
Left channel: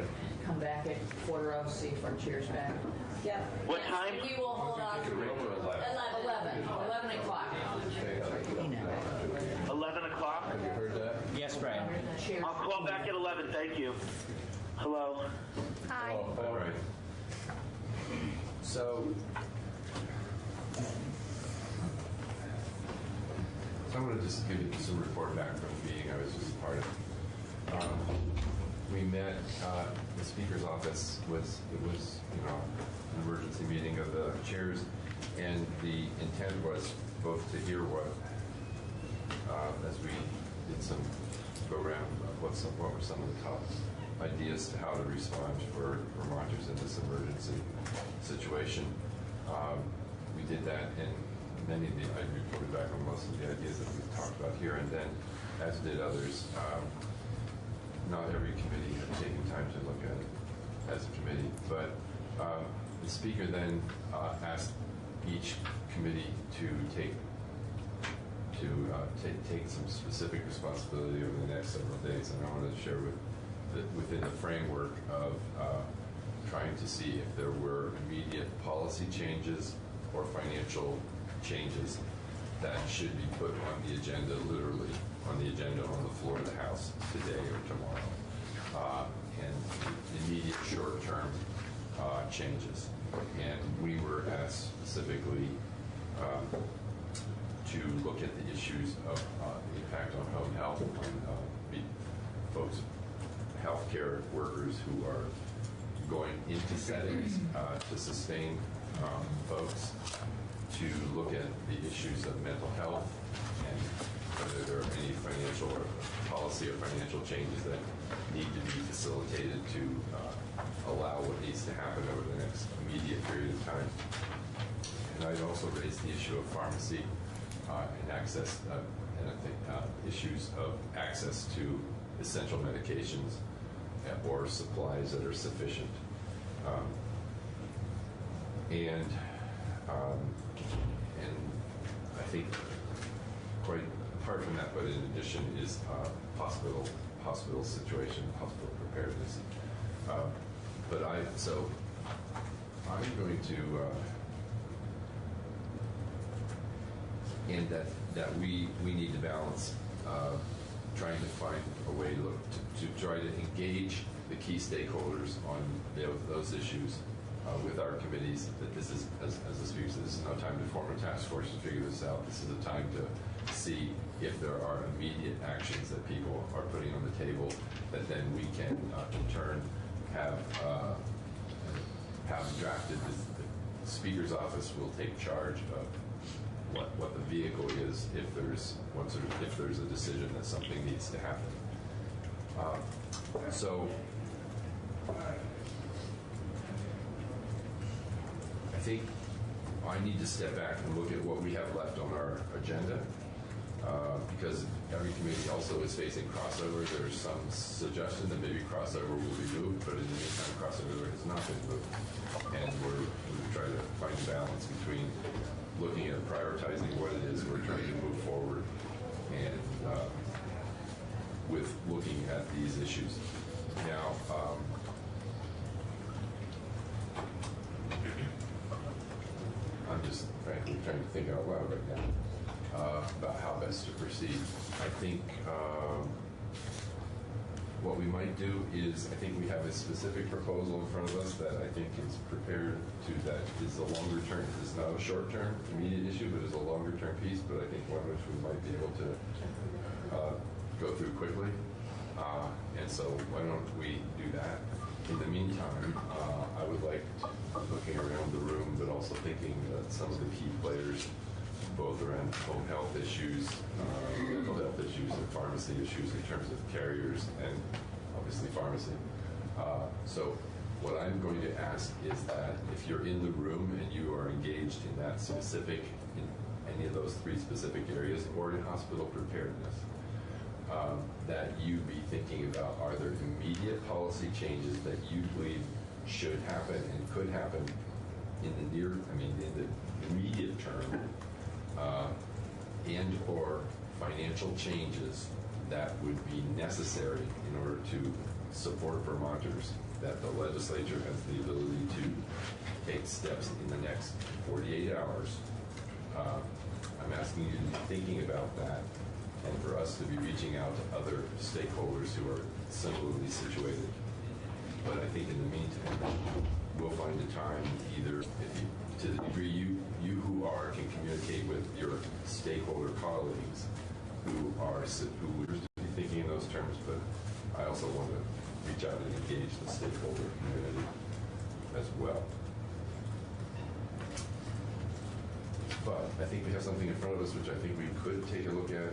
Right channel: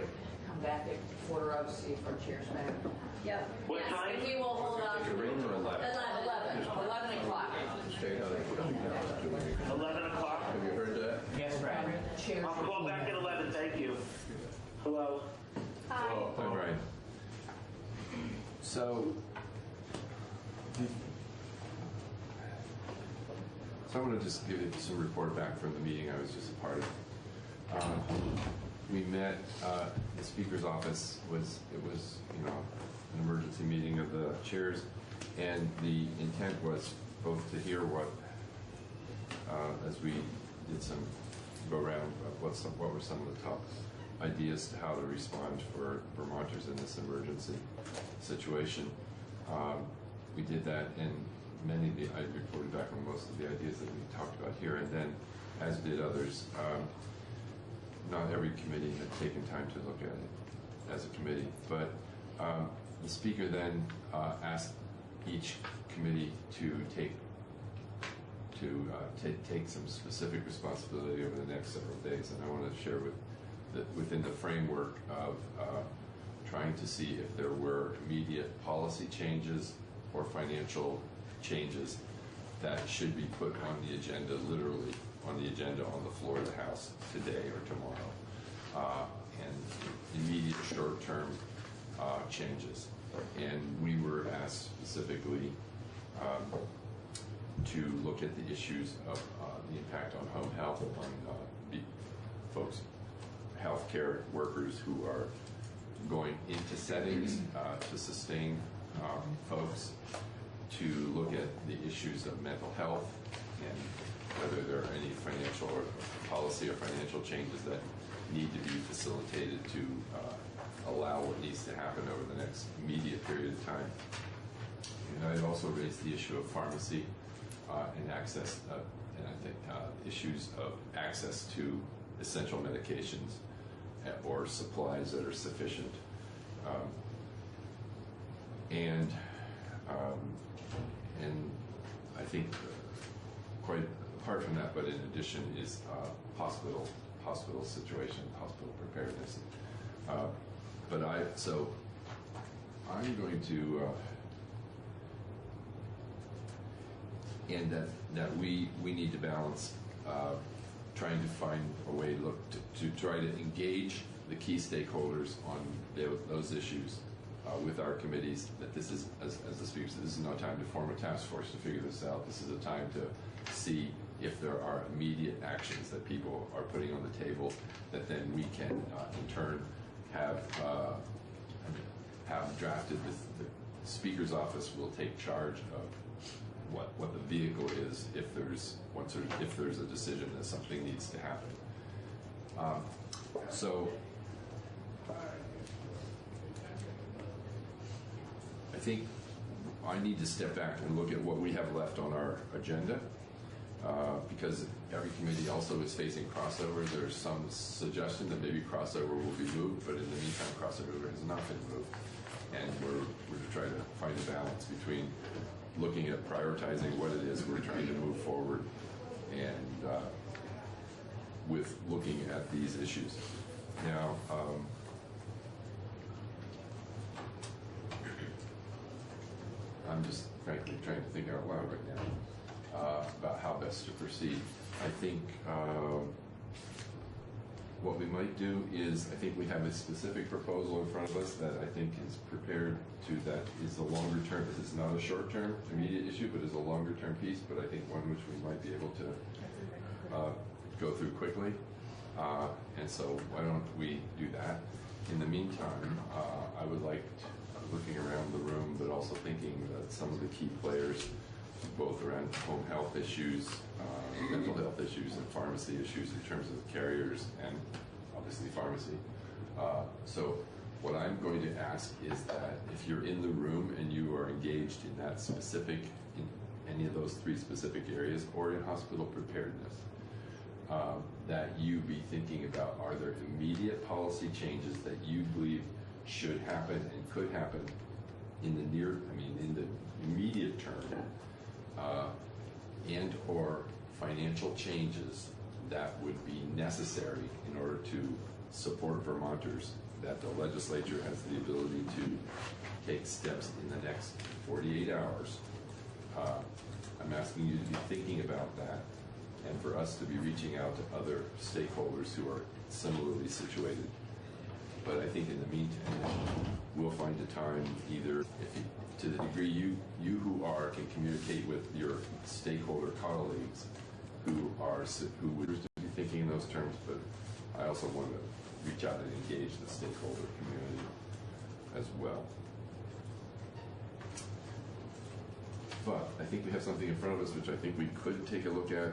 Come back at 4:00, see if our chair's back. Yep. What time? We will hold off. 11 o'clock. 11 o'clock? Have you heard that? Yes, Brad. I'll call back at 11, thank you. Hello? Hi. All right. So I'm going to just give you some report back from the meeting I was just a part of. We met, the Speaker's office was an emergency meeting of the chairs, and the intent was both to hear what, as we did some go around, what were some of the top ideas to how to respond for Vermonters in this emergency situation. We did that, and I reported back on most of the ideas that we talked about here, and then, as did others, not every committee had taken time to look at it as a committee, but the Speaker then asked each committee to take some specific responsibility over the next several days, and I wanted to share within the framework of trying to see if there were immediate policy changes or financial changes that should be put on the agenda, literally on the agenda on the floor of the House today or tomorrow, and immediate short-term changes. And we were asked specifically to look at the issues of the impact on home health, on folks, healthcare workers who are going into settings to sustain folks, to look at the issues of mental health and whether there are any financial or policy or financial changes that need to be facilitated to allow what needs to happen over the next immediate period of time. And I'd also raised the issue of pharmacy and access, and I think issues of access to essential medications or supplies that are sufficient. And I think quite apart from that, but in addition, is hospital situation, hospital preparedness. So I'm going to, and that we need to balance trying to find a way to try to engage the key stakeholders on those issues with our committees, that this is, as the Speaker said, this is no time to form a task force to figure this out. This is a time to see if there are immediate actions that people are putting on the table that then we can, in turn, have drafted. The Speaker's office will take charge of what the vehicle is if there's a decision that something needs to happen. So I think I need to step back and look at what we have left on our agenda, because every committee also is facing crossover. There's some suggestion that maybe crossover will be moved, but in the meantime, crossover has not been moved. And we're going to try to find a balance between looking at prioritizing what it is we're trying to move forward and with looking at these issues. Now, I'm just frankly trying to think out loud right now about how best to proceed. I think what we might do is, I think we have a specific proposal in front of us that I think is prepared to, that is a longer term, this is not a short term immediate issue, but is a longer term piece, but I think one which we might be able to go through quickly. And so why don't we do that? In the meantime, I would like, looking around the room, but also thinking that some of the key players both around home health issues, mental health issues, and pharmacy issues in terms of carriers and obviously pharmacy. So what I'm going to ask is that if you're in the room and you are engaged in that specific, in any of those three specific areas, or in hospital preparedness, that you be thinking about, are there immediate policy changes that you believe should happen and could happen in the in the immediate term, and or financial changes that would be necessary in order to support Vermonters, that the legislature has the ability to take steps in the next 48 hours. I'm asking you to be thinking about that, and for us to be reaching out to other stakeholders who are similarly situated. But I think in the meantime, we'll find a time, either if you, to the degree you who are can communicate with your stakeholder colleagues who would be thinking in those terms, but I also want to reach out and engage the stakeholder community as well. But I think we have something in front of us which I think we could take a look at,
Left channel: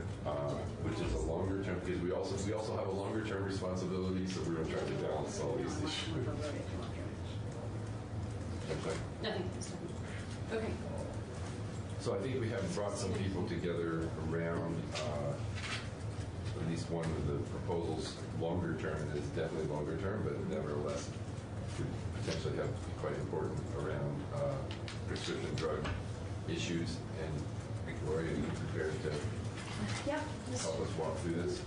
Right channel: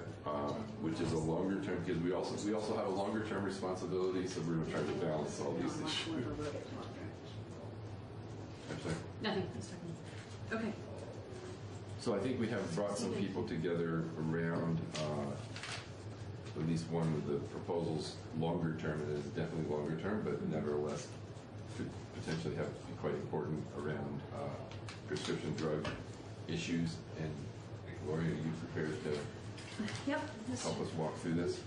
which is a longer term, because we also have a longer term responsibility, so we're going to try to balance all these issues. Okay. Nothing. Okay. So I think we have brought some people together around at least one of the proposals longer term, and it is definitely longer term, but nevertheless could potentially be quite important around prescription drug issues. And Gloria, are you prepared to help us walk through this?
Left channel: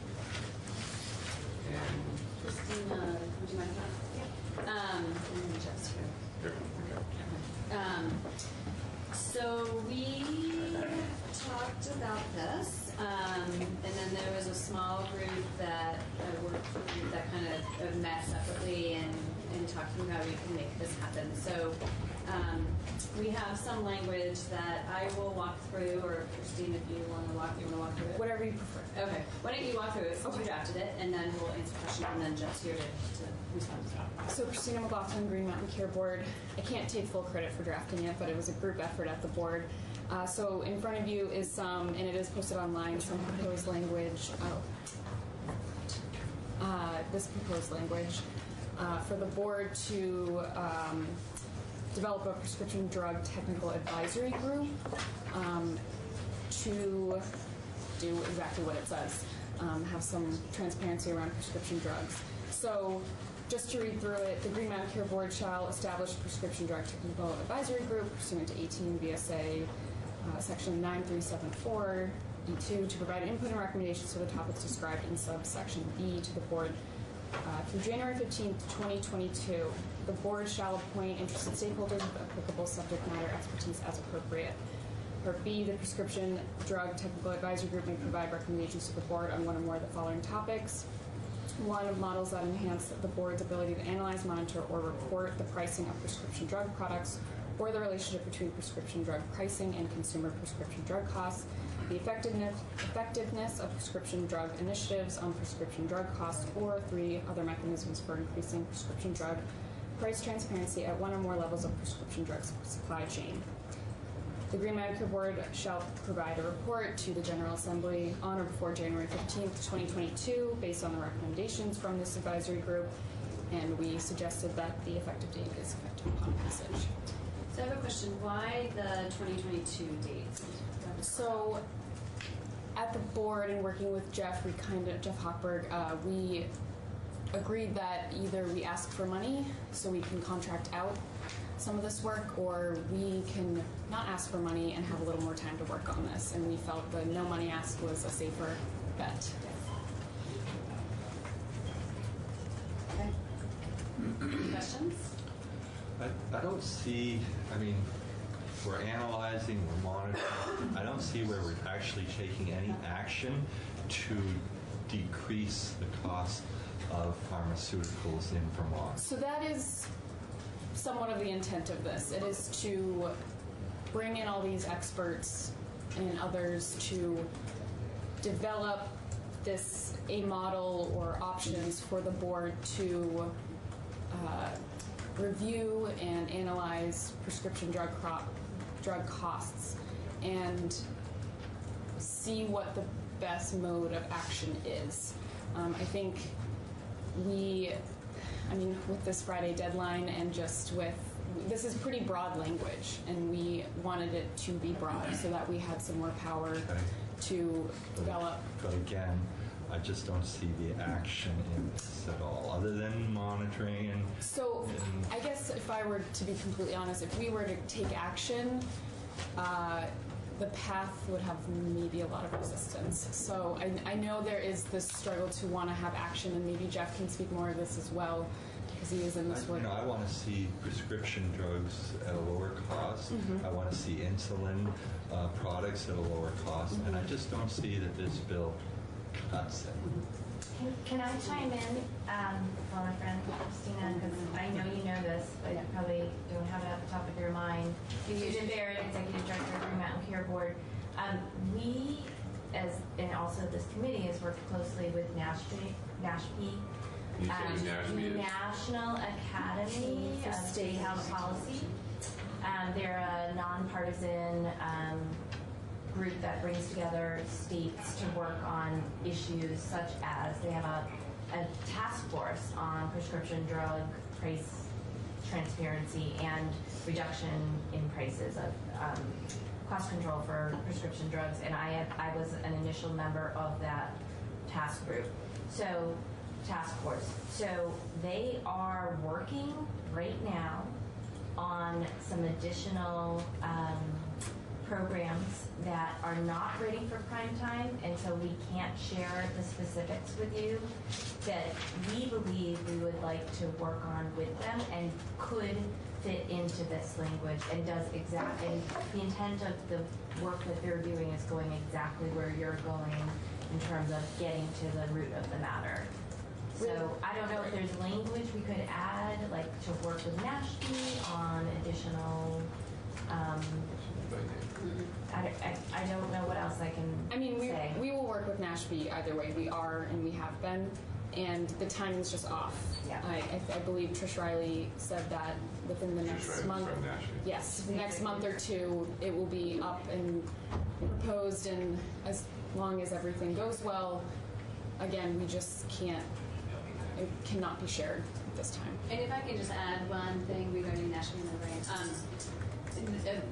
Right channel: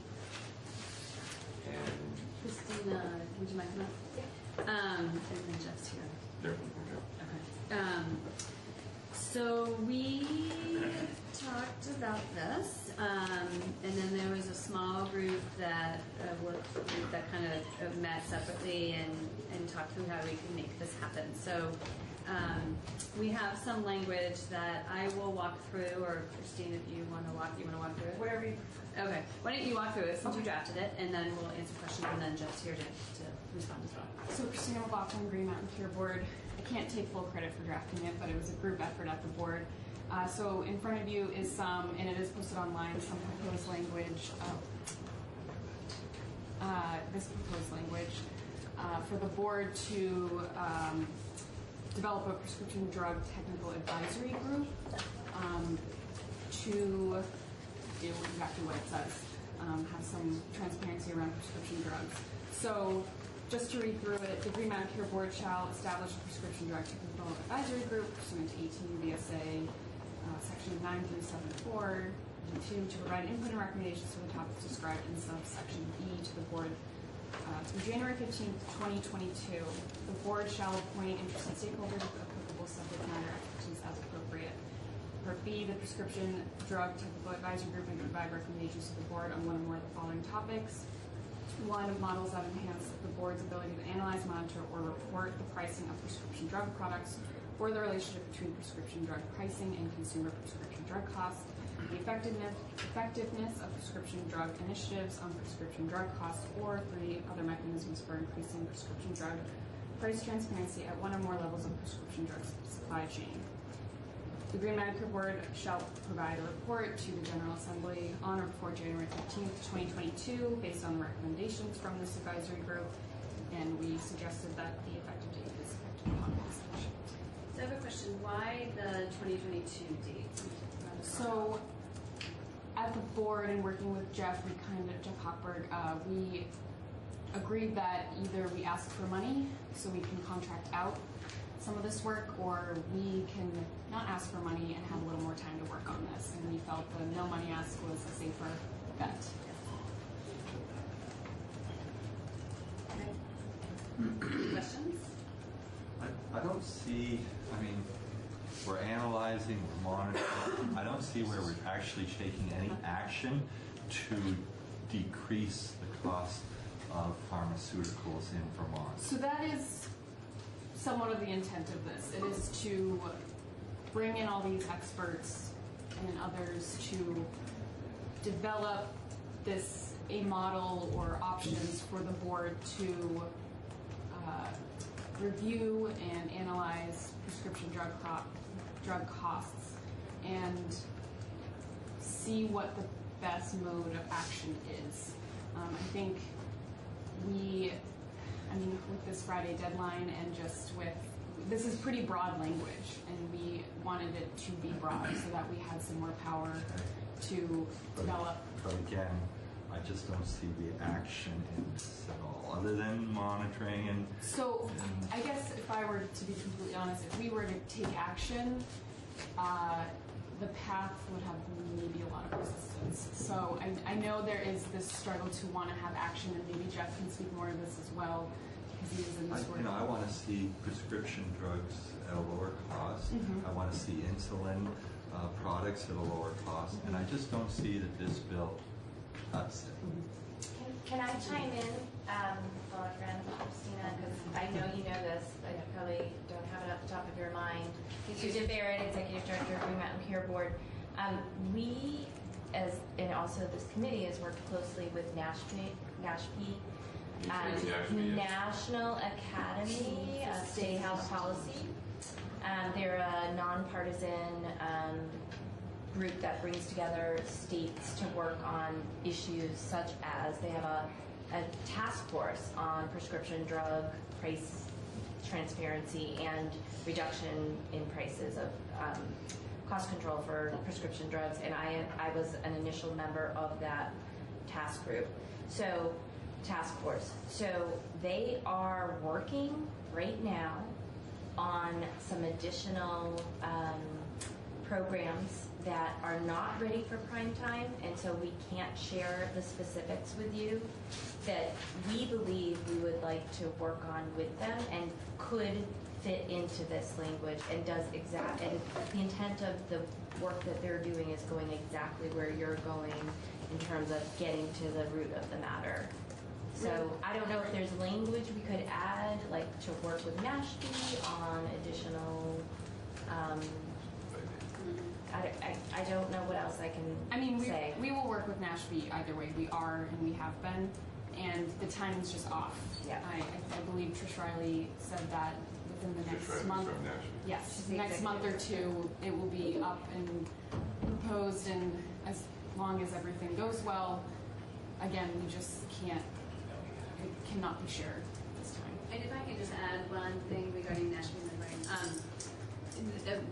And Christina, would you mind coming up? Yeah. And Jeff's here. Okay. So we talked about this, and then there was a small group that kind of met separately and talked through how we can make this happen. So we have some language that I will walk through, or Christine, if you want to walk through it. Whatever you prefer. Okay. Why don't you walk through it since you drafted it, and then we'll answer questions, and then Jeff's here to respond as well. So Christina McLaughlin, Green Mountain Care Board. I can't take full credit for drafting it, but it was a group effort at the board. So in front of you is some, and it is posted online, some proposed language. This proposed language for the board to develop a prescription drug technical advisory group to do exactly what it says, have some transparency around prescription drugs. So just to read through it, the Green Mountain Care Board shall establish a prescription drug technical advisory group pursuant to 18 VSA section 9374 D2 to provide input and recommendations to the topics described in subsection B to the board through January 15th, 2022. The board shall appoint interested stakeholders with applicable subject matter expertise as appropriate. Part B, the prescription drug technical advisory group may provide recommendations to the board on one or more of the following topics. One, models that enhance the board's ability to analyze, monitor, or report the pricing of prescription drug products, or the relationship between prescription drug pricing and consumer prescription drug costs, the effectiveness of prescription drug initiatives on prescription drug costs, or 3, other mechanisms for increasing prescription drug price transparency at one or more levels of prescription drug supply chain. The Green Mountain Care Board shall provide a report to the General Assembly on or before January 15th, 2022, based on the recommendations from this advisory group, and we suggested that the effective date is effective upon passage. So I have a question. Why the 2022 date? So at the board and working with Jeff, Jeff Hochberg, we agreed that either we ask for money so we can contract out some of this work, or we can not ask for money and have a little more time to work on this. And we felt the no money ask was a safer bet. Okay. Questions? I don't see, we're analyzing, we're monitoring. I don't see where we're actually taking any action to decrease the cost of pharmaceuticals in Vermont. So that is somewhat of the intent of this. It is to bring in all these experts and others to develop a model or options for the board to review and analyze prescription drug costs. And see what the best mode of action is. I think with this Friday deadline and just this is pretty broad language, and we wanted it to be broad so that we had some more power to develop. But again, I just don't see the action in this at all, other than monitoring and. So, I guess if I were to be completely honest, if we were to take action, the path would have maybe a lot of resistance. So I know there is this struggle to want to have action, and maybe Jeff can speak more of this as well, because he is in this work. I want to see prescription drugs at a lower cost. I want to see insulin products at a lower cost, and I just don't see that this bill cuts it. Can I chime in, my friend Christina, because I know you know this, but you probably don't have it at the top of your mind. Susan Barrett, Executive Director of Green Mountain Care Board. We, and also this committee, has worked closely with NASHP, National Academy of State Health Policy. They're a nonpartisan group that brings together states to work on issues such as, they have a task force on prescription drug price transparency and reduction in prices of cost control for prescription drugs, and I was an initial member of that task force. So they are working right now on some additional programs that are not ready for prime time, and so we can't share the specifics with you, that we believe we would like to work on with them and could fit into this language, and and the intent of the work that they're doing is going exactly where you're going in terms of getting to the root of the matter. So I don't know if there's language we could add, like to work with NASHP on additional I don't know what else I can say. We will work with NASHP either way. We are, and we have been, and the timing's just off. Yeah. I believe Trish Riley said that within the next month. Yes, next month or two, it will be up and proposed, and as long as everything goes well, again, we just can't, it cannot be shared this time. And if I can just add one thing regarding national membrane.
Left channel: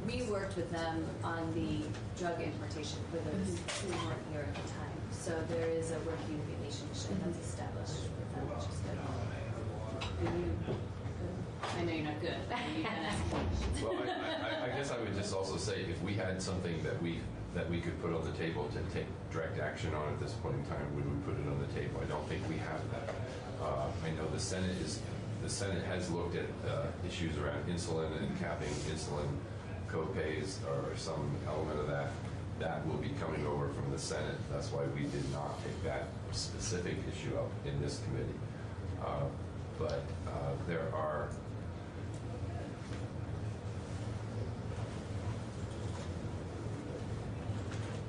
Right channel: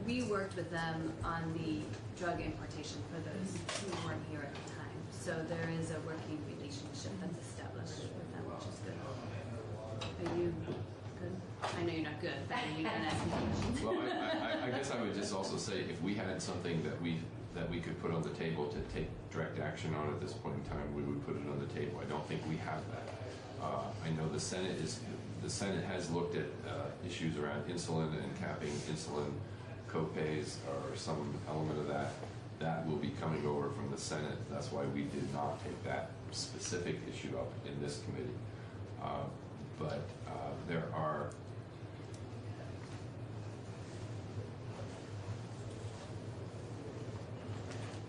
We worked with them on the drug importation for those who weren't here at the time. So there is a working relationship that's established with them, which is good. Are you good? I know you're not good, but are you good? Well, I guess I would just also say, if we had something that we could put on the table to take direct action on at this point in time, would we put it on the table? I don't think we have that. I know the Senate has looked at issues around insulin and capping insulin co-pays or some element of that. That will be coming over from the Senate. That's why we did not take that specific issue up in this committee. But there are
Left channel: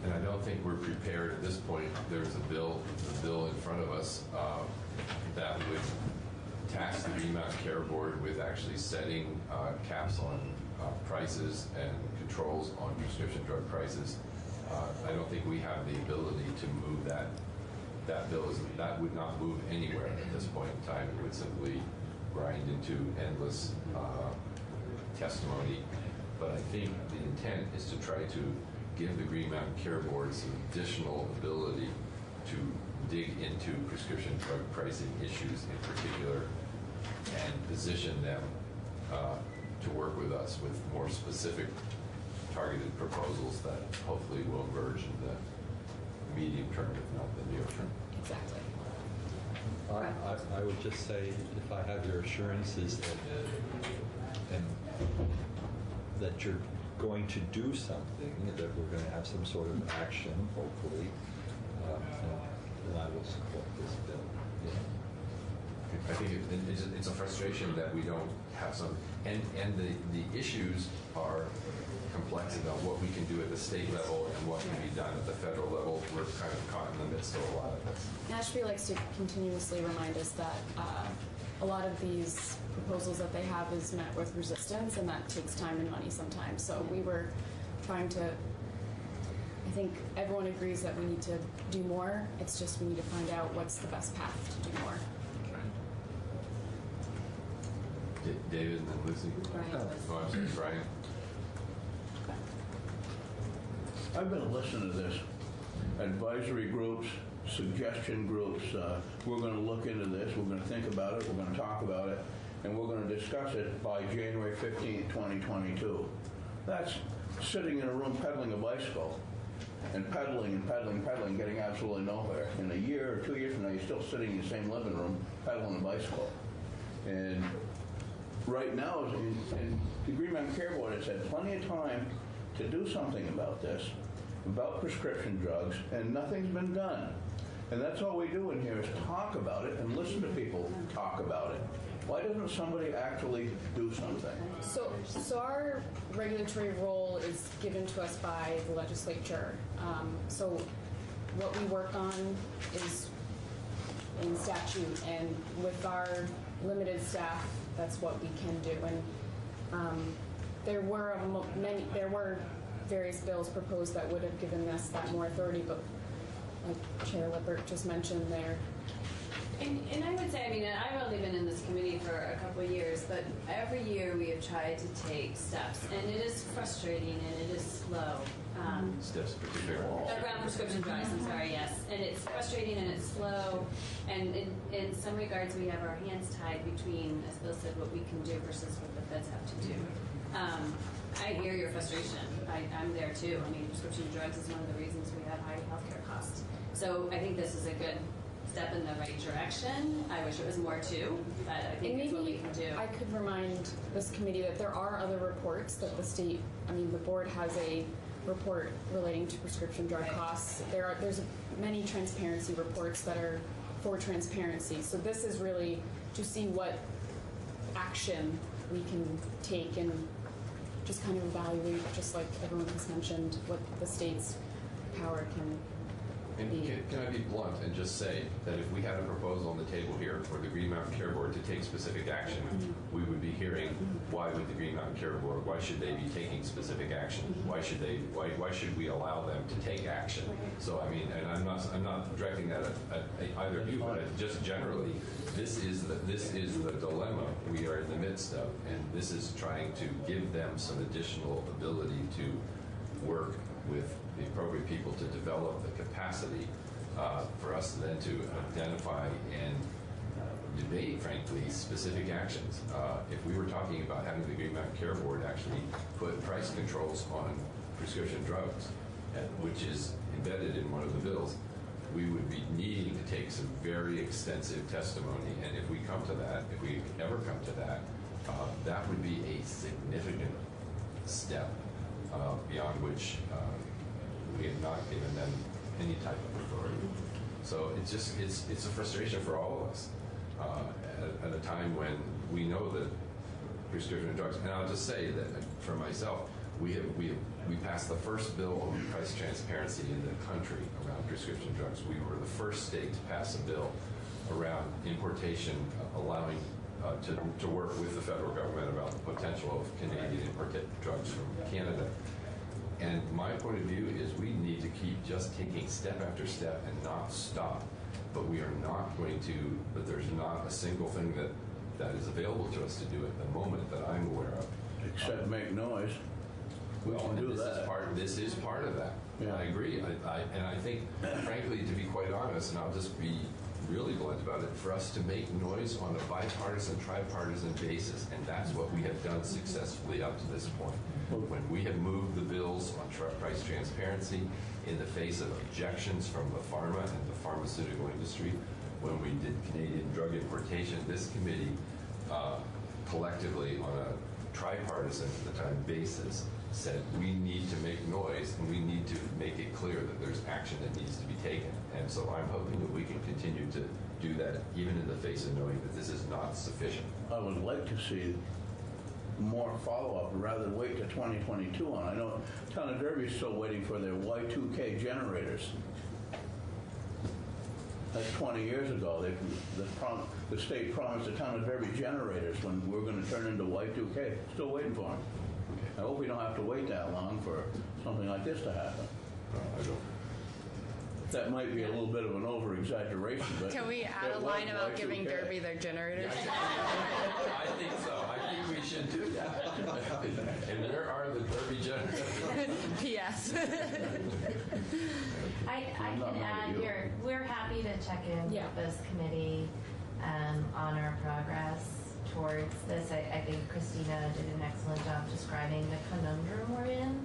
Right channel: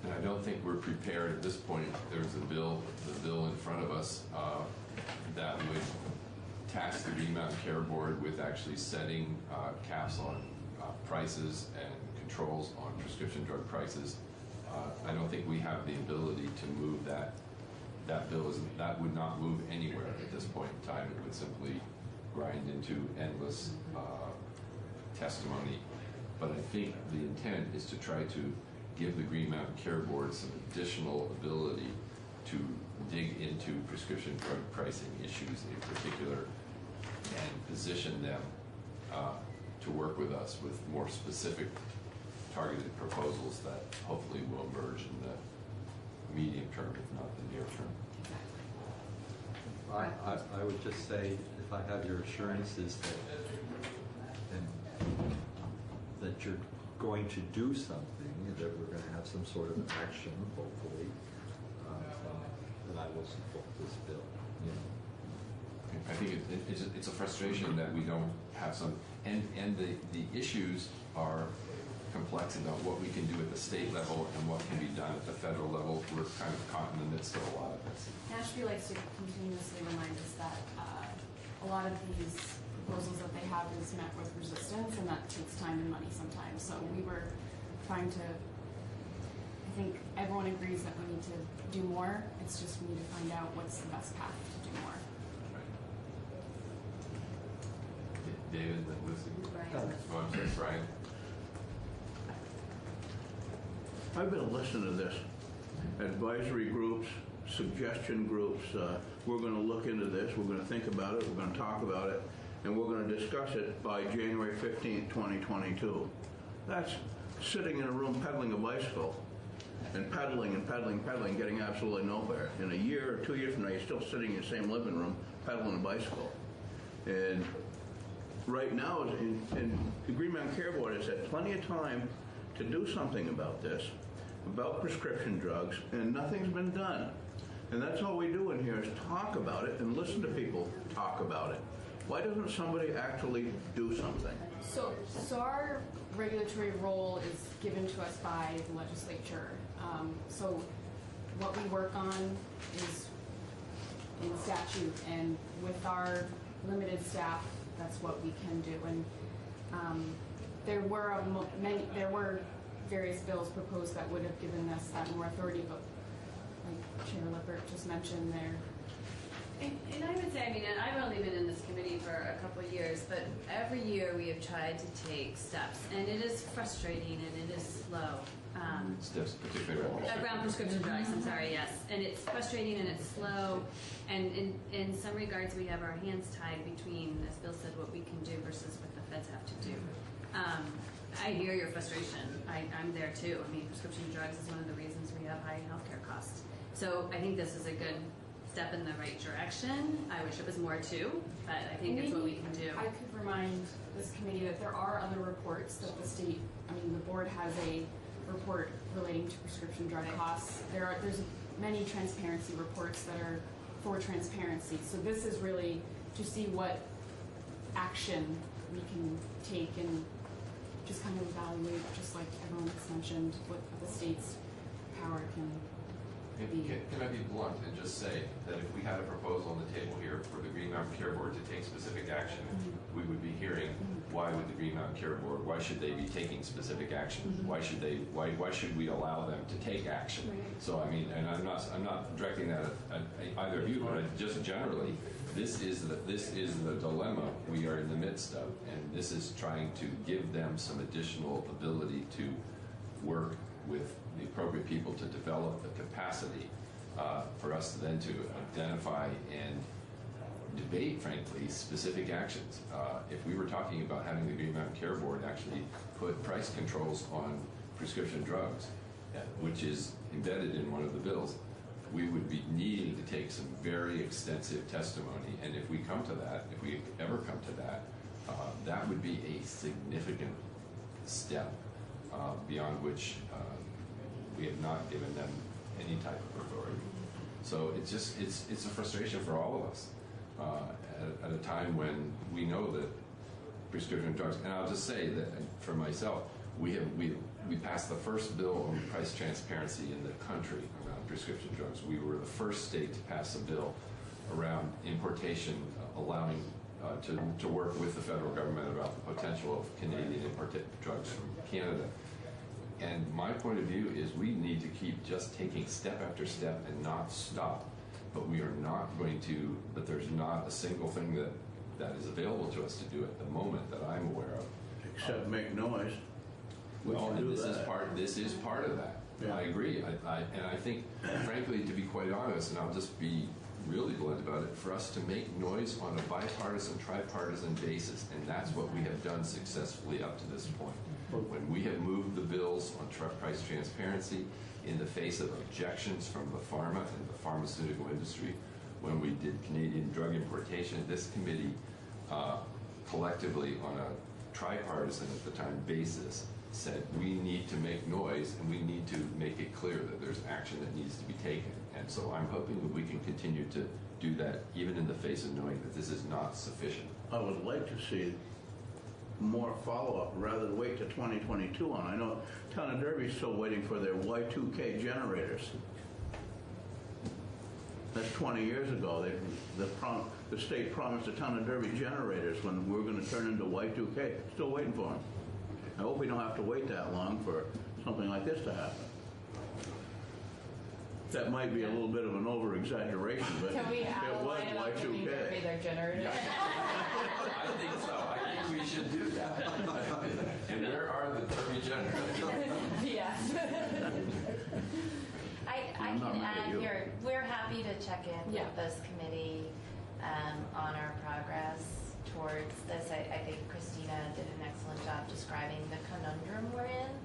and I don't think we're prepared at this point. There's the bill in front of us that would task the Green Mountain Care Board with actually setting caps on prices and controls on prescription drug prices. I don't think we have the ability to move that. That bill that would not move anywhere at this point in time. It would simply grind into endless testimony. But I think the intent is to try to give the Green Mountain Care Board some additional ability to dig into prescription drug pricing issues in particular and position them to work with us with more specific targeted proposals that hopefully will emerge in the medium term, if not the near term. Exactly. I would just say, if I have your assurances that you're going to do something, that we're going to have some sort of action, hopefully, then I will support this bill. I think it's a frustration that we don't have some, and the issues are complex about what we can do at the state level and what can be done at the federal level. We're kind of caught in the midst of a lot of this. NASHP likes to continuously remind us that a lot of these proposals that they have is met with resistance, and that takes time and money sometimes. So we were trying to, I think everyone agrees that we need to do more. It's just we need to find out what's the best path to do more. David and then Lucy. Brian. Oh, I'm sorry, Brian. I've been listening to this. Advisory groups, suggestion groups, we're going to look into this, we're going to think about it, we're going to talk about it, and we're going to discuss it by January 15th, 2022. That's sitting in a room pedaling a bicycle and pedaling, getting absolutely nowhere. In a year or 2 years from now, you're still sitting in the same living room pedaling a bicycle. And right now, in the Green Mountain Care Board has had plenty of time to do something about this, about prescription drugs, and nothing's been done. And that's all we do in here is talk about it and listen to people talk about it. Why doesn't somebody actually do something? So our regulatory role is given to us by the legislature. So what we work on is in statute, and with our limited staff, that's what we can do. And there were various bills proposed that would have given us that more authority, but like Chair Lippert just mentioned, there. And I would say, I mean, I've only been in this committee for a couple of years, but every year we have tried to take steps, and it is frustrating and it is slow. Steps particularly around prescription drugs, I'm sorry, yes. And it's frustrating and it's slow, and in some regards we have our hands tied between, as Bill said, what we can do versus what the feds have to do. I hear your frustration. I'm there too. I mean, prescription drugs is one of the reasons we have high healthcare costs. So I think this is a good step in the right direction. I wish it was more too, but I think it's what we can do. I could remind this committee that there are other reports that the state, I mean, the board has a report relating to prescription drug costs. There's many transparency reports that are for transparency. So this is really to see what action we can take and just kind of evaluate, just like everyone has mentioned, what the state's power can And can I be blunt and just say that if we had a proposal on the table here for the Green Mountain Care Board to take specific action, we would be hearing why would the Green Mountain Care Board, why should they be taking specific action? Why should we allow them to take action? So I mean, and I'm not directing that at either of you, but just generally, this is the dilemma we are in the midst of, and this is trying to give them some additional ability to work with the appropriate people to develop the capacity for us then to identify and debate, frankly, specific actions. If we were talking about having the Green Mountain Care Board actually put price controls on prescription drugs, which is embedded in one of the bills, we would be needing to take some very extensive testimony. And if we come to that, if we ever come to that, that would be a significant step beyond which we have not given them any type of authority. So it's a frustration for all of us at a time when we know that prescription drugs. And I'll just say that for myself, we passed the first bill on price transparency in the country around prescription drugs. We were the first state to pass a bill around importation, allowing to work with the federal government about the potential of Canadian imported drugs from Canada. And my point of view is we need to keep just taking step after step and not stop. But we are not going to, but there's not a single thing that is available to us to do at the moment that I'm aware of. Except make noise. Well, this is part of that. Yeah. I agree. And I think, frankly, to be quite honest, and I'll just be really blunt about it, for us to make noise on a bipartisan, tripartisan basis, and that's what we have done successfully up to this point. When we have moved the bills on price transparency in the face of objections from the pharma and the pharmaceutical industry, when we did Canadian drug importation, this committee collectively on a tripartisan at the time basis said we need to make noise and we need to make it clear that there's action that needs to be taken. And so I'm hoping that we can continue to do that even in the face of knowing that this is not sufficient. I would like to see more follow-up rather than wait to 2022 on. I know Town of Derby's still waiting for their Y2K generators. That's 20 years ago. The state promised the Town of Derby generators when we're going to turn into Y2K. Still waiting for them. I hope we don't have to wait that long for something like this to happen. I don't. That might be a little bit of an over-exaggeration, but... Can we add a line about giving Derby their generators? I think so. I think we should do that. And where are the Derby generators? Yes. I can add here, we're happy to check in with this committee on our progress towards this. I think Christina did an excellent job describing the conundrum we're in,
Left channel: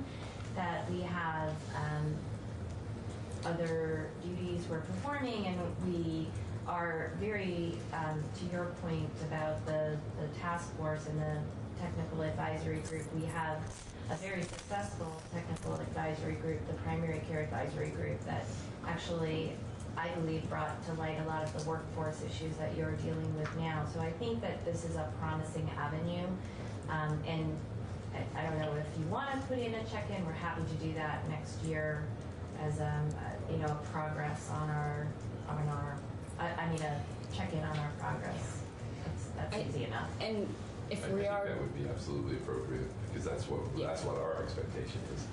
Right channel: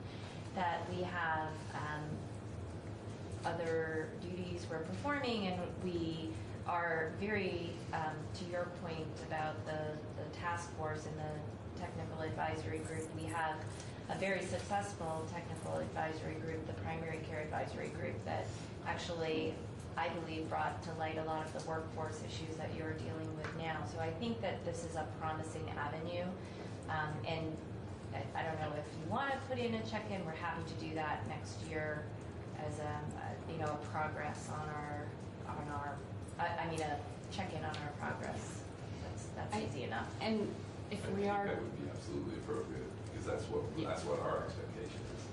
that we have other duties we're performing, and we are very, to your point about the task force and the technical advisory group, we have a very successful technical advisory group, the primary care advisory group, that actually, I believe, brought to light a lot of the workforce issues that you're dealing with now. So I think that this is a promising avenue. And I don't know if you want to put in a check-in, we're happy to do that next year as a progress on our a check-in on our progress. That's easy enough. And if I think that would be absolutely appropriate, because that's what our expectation is,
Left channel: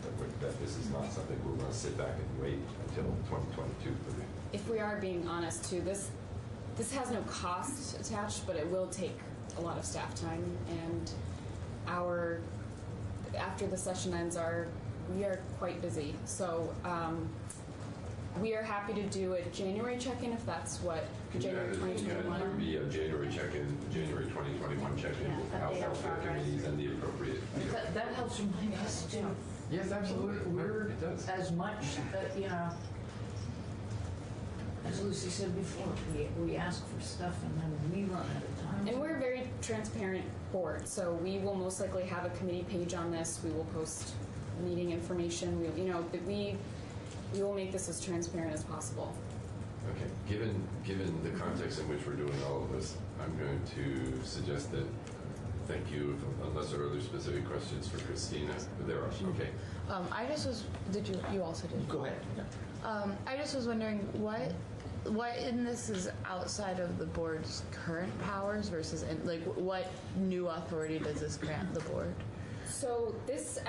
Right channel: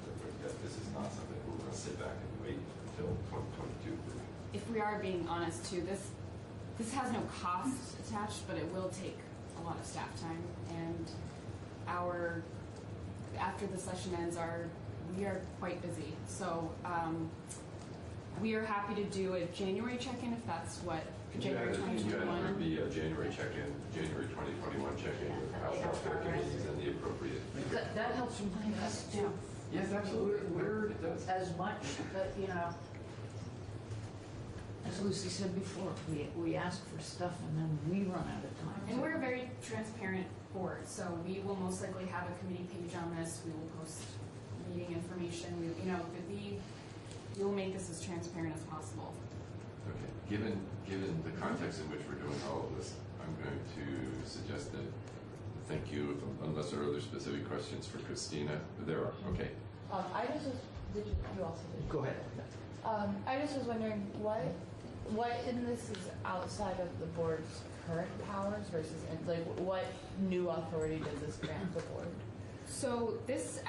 that this is not something we're going to sit back and wait until 2022 for. If we are being honest too, this has no cost attached, but it will take a lot of staff time, and after the session ends, we are quite busy. So we are happy to do a January check-in if that's what January 2021. There be a January check-in, January 2021 check-in with the House Welfare Committees and the appropriate. That helps remind us to. Yes, absolutely. It does. As much that, as Lucy said before, we ask for stuff and then we run out of time. And we're a very transparent board, so we will most likely have a committee page on this. We will post meeting information. We will make this as transparent as possible. Okay. Given the context in which we're doing all of this, I'm going to suggest that. Thank you. Unless there are other specific questions for Christina, there are. Okay. I just was. You also did. Go ahead. I just was wondering what in this is outside of the board's current powers versus what new authority does this grant the board? So this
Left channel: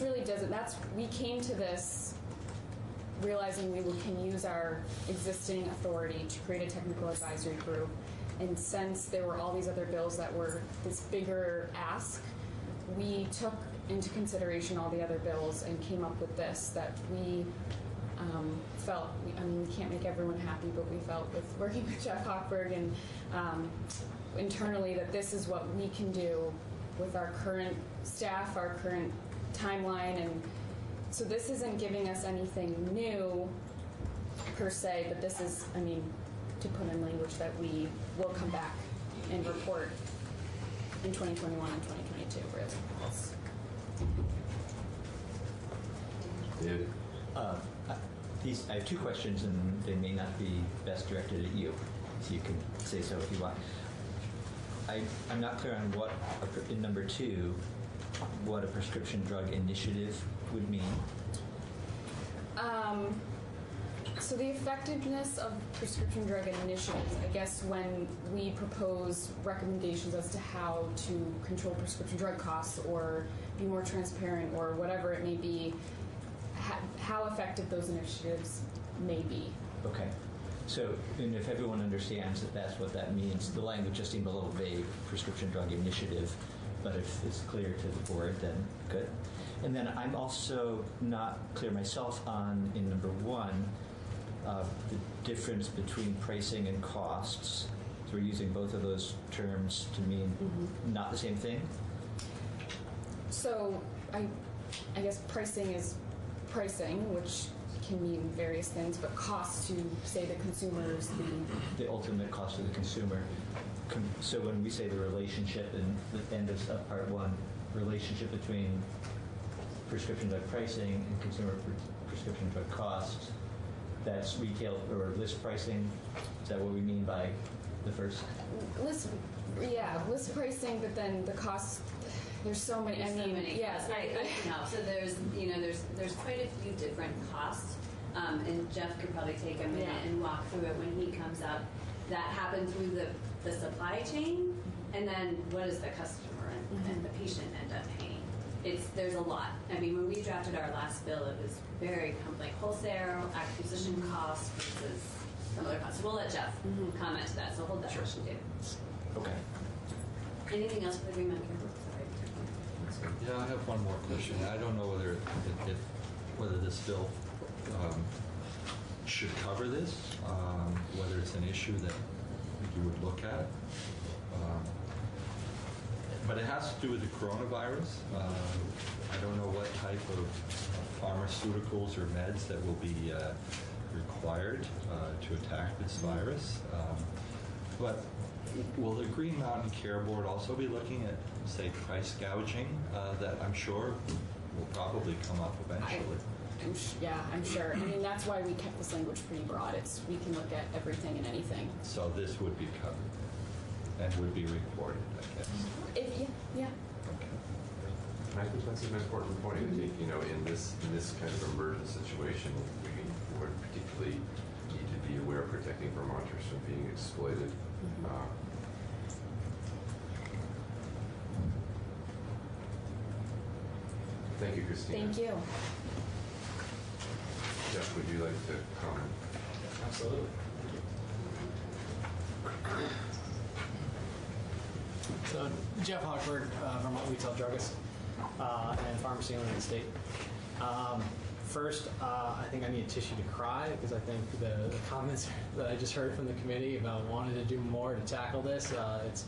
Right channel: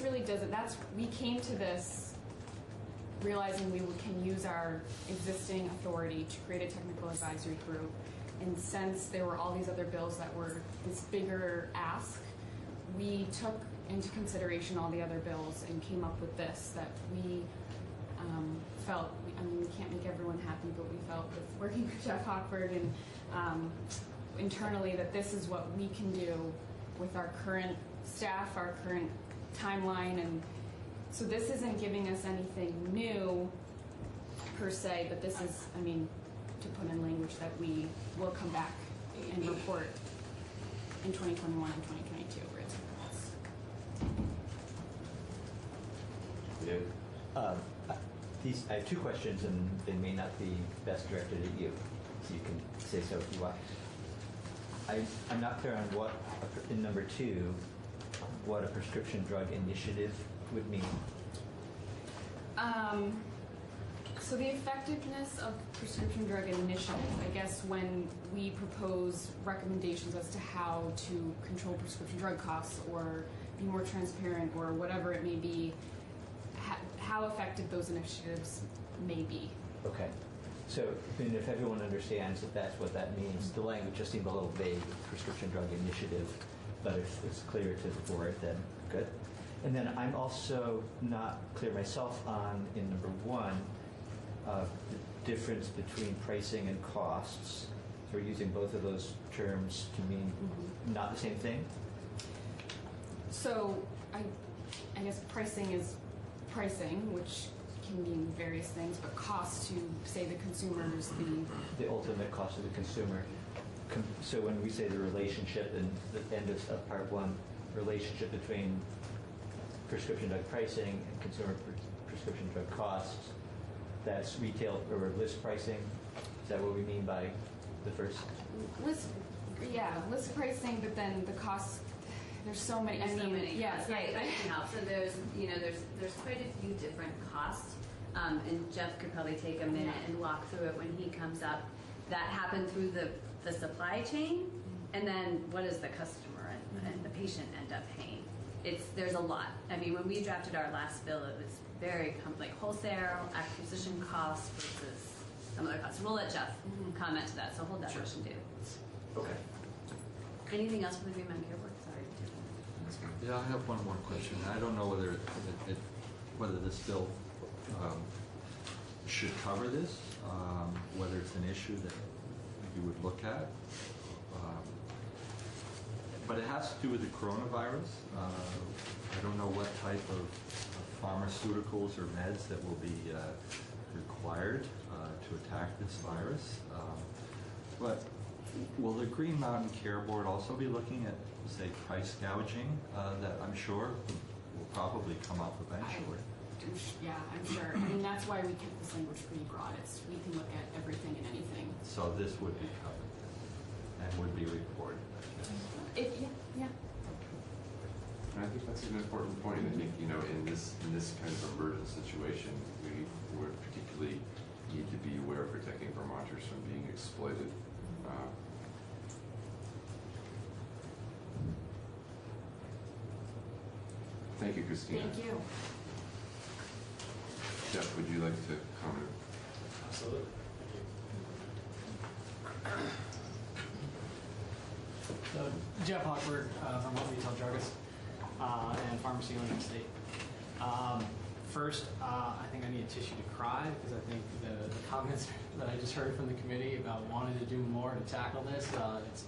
really doesn't. We came to this realizing we can use our existing authority to create a technical advisory group. And since there were all these other bills that were this bigger ask, we took into consideration all the other bills and came up with this that we felt, we can't make everyone happy, but we felt with working with Jeff Hochberg and internally that this is what we can do with our current staff, our current timeline. And so this isn't giving us anything new per se, but this is, to put in language that we will come back and report in 2021 and 2022. I have two questions, and they may not be best directed at you, so you can say so if you want. I'm not clear on what, in number 2, what a prescription drug initiative would mean. So the effectiveness of prescription drug initiatives, I guess when we propose recommendations as to how to control prescription drug costs or be more transparent or whatever it may be, how effective those initiatives may be. Okay. So, and if everyone understands that that's what that means, the language just seemed a little vague, prescription drug initiative, but if it's clear to the board, then good. And then I'm also not clear myself on, in number 1, the difference between pricing and costs. So we're using both of those terms to mean not the same thing? So I guess pricing is pricing, which can mean various things, but cost to, say, the consumers, the ultimate cost of the consumer. So when we say the relationship in the end of part 1, relationship between prescription drug pricing and consumer prescription drug costs, that's retail or list pricing. Is that what we mean by the first? List pricing, but then the costs. There's so many. Yes, I know. So there's quite a few different costs, and Jeff could probably take a minute and walk through it when he comes up. That happened through the supply chain, and then what does the customer and the patient end up paying? there's a lot. I mean, when we drafted our last bill, it was very like wholesale acquisition costs versus some other costs. So we'll let Jeff comment to that. So hold that question too. Okay. Anything else for the Green Mountain Care Board? Sorry. Yeah, I have one more question. I don't know whether this bill should cover this, whether it's an issue that you would look at. But it has to do with the coronavirus. I don't know what type of pharmaceuticals or meds that will be required to attack this virus. But will the Green Mountain Care Board also be looking at, say, price gouging that I'm sure will probably come up eventually? I'm sure. I mean, that's why we kept this language pretty broad. We can look at everything and anything. So this would be covered and would be reported, I guess. Yeah. I think that's an important point. I think, in this kind of emergent situation, we would particularly need to be aware of protecting Vermonters from being exploited. Thank you, Christina. Thank you. Jeff, would you like to comment? Absolutely. So, Jeff Hochberg, Vermont Retail Druggist and pharmacy owner in the state. First, I think I need a tissue to cry because I think the comments that I just heard from the committee about wanting to do more to tackle this, it's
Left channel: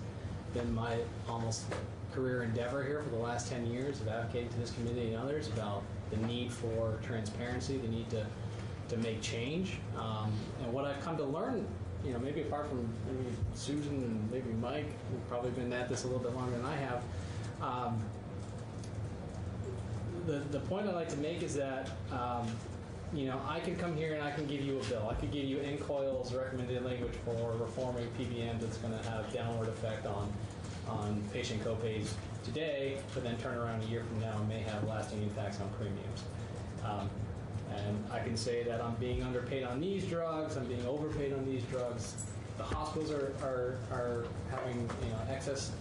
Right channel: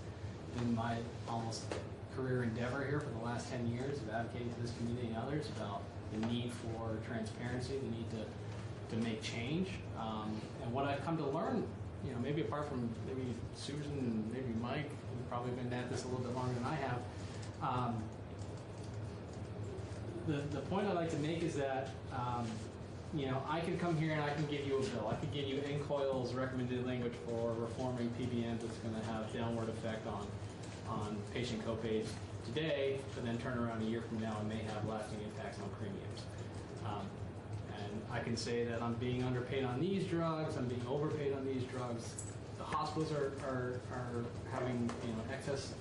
been my almost career endeavor here for the last 10 years of advocating to this committee and others about the need for transparency, the need to make change. And what I've come to learn, maybe apart from maybe Susan and maybe Mike, who've probably been at this a little bit longer than I have, the point I'd like to make is that, I can come here and I can give you a bill. I could give you NCOIL's recommended language for reforming PBM that's going to have downward effect on patient copays today, but then turn around a year from now and may have lasting impacts on premiums. And I can say that I'm being underpaid on these drugs, I'm being overpaid on these drugs. The hospitals are having access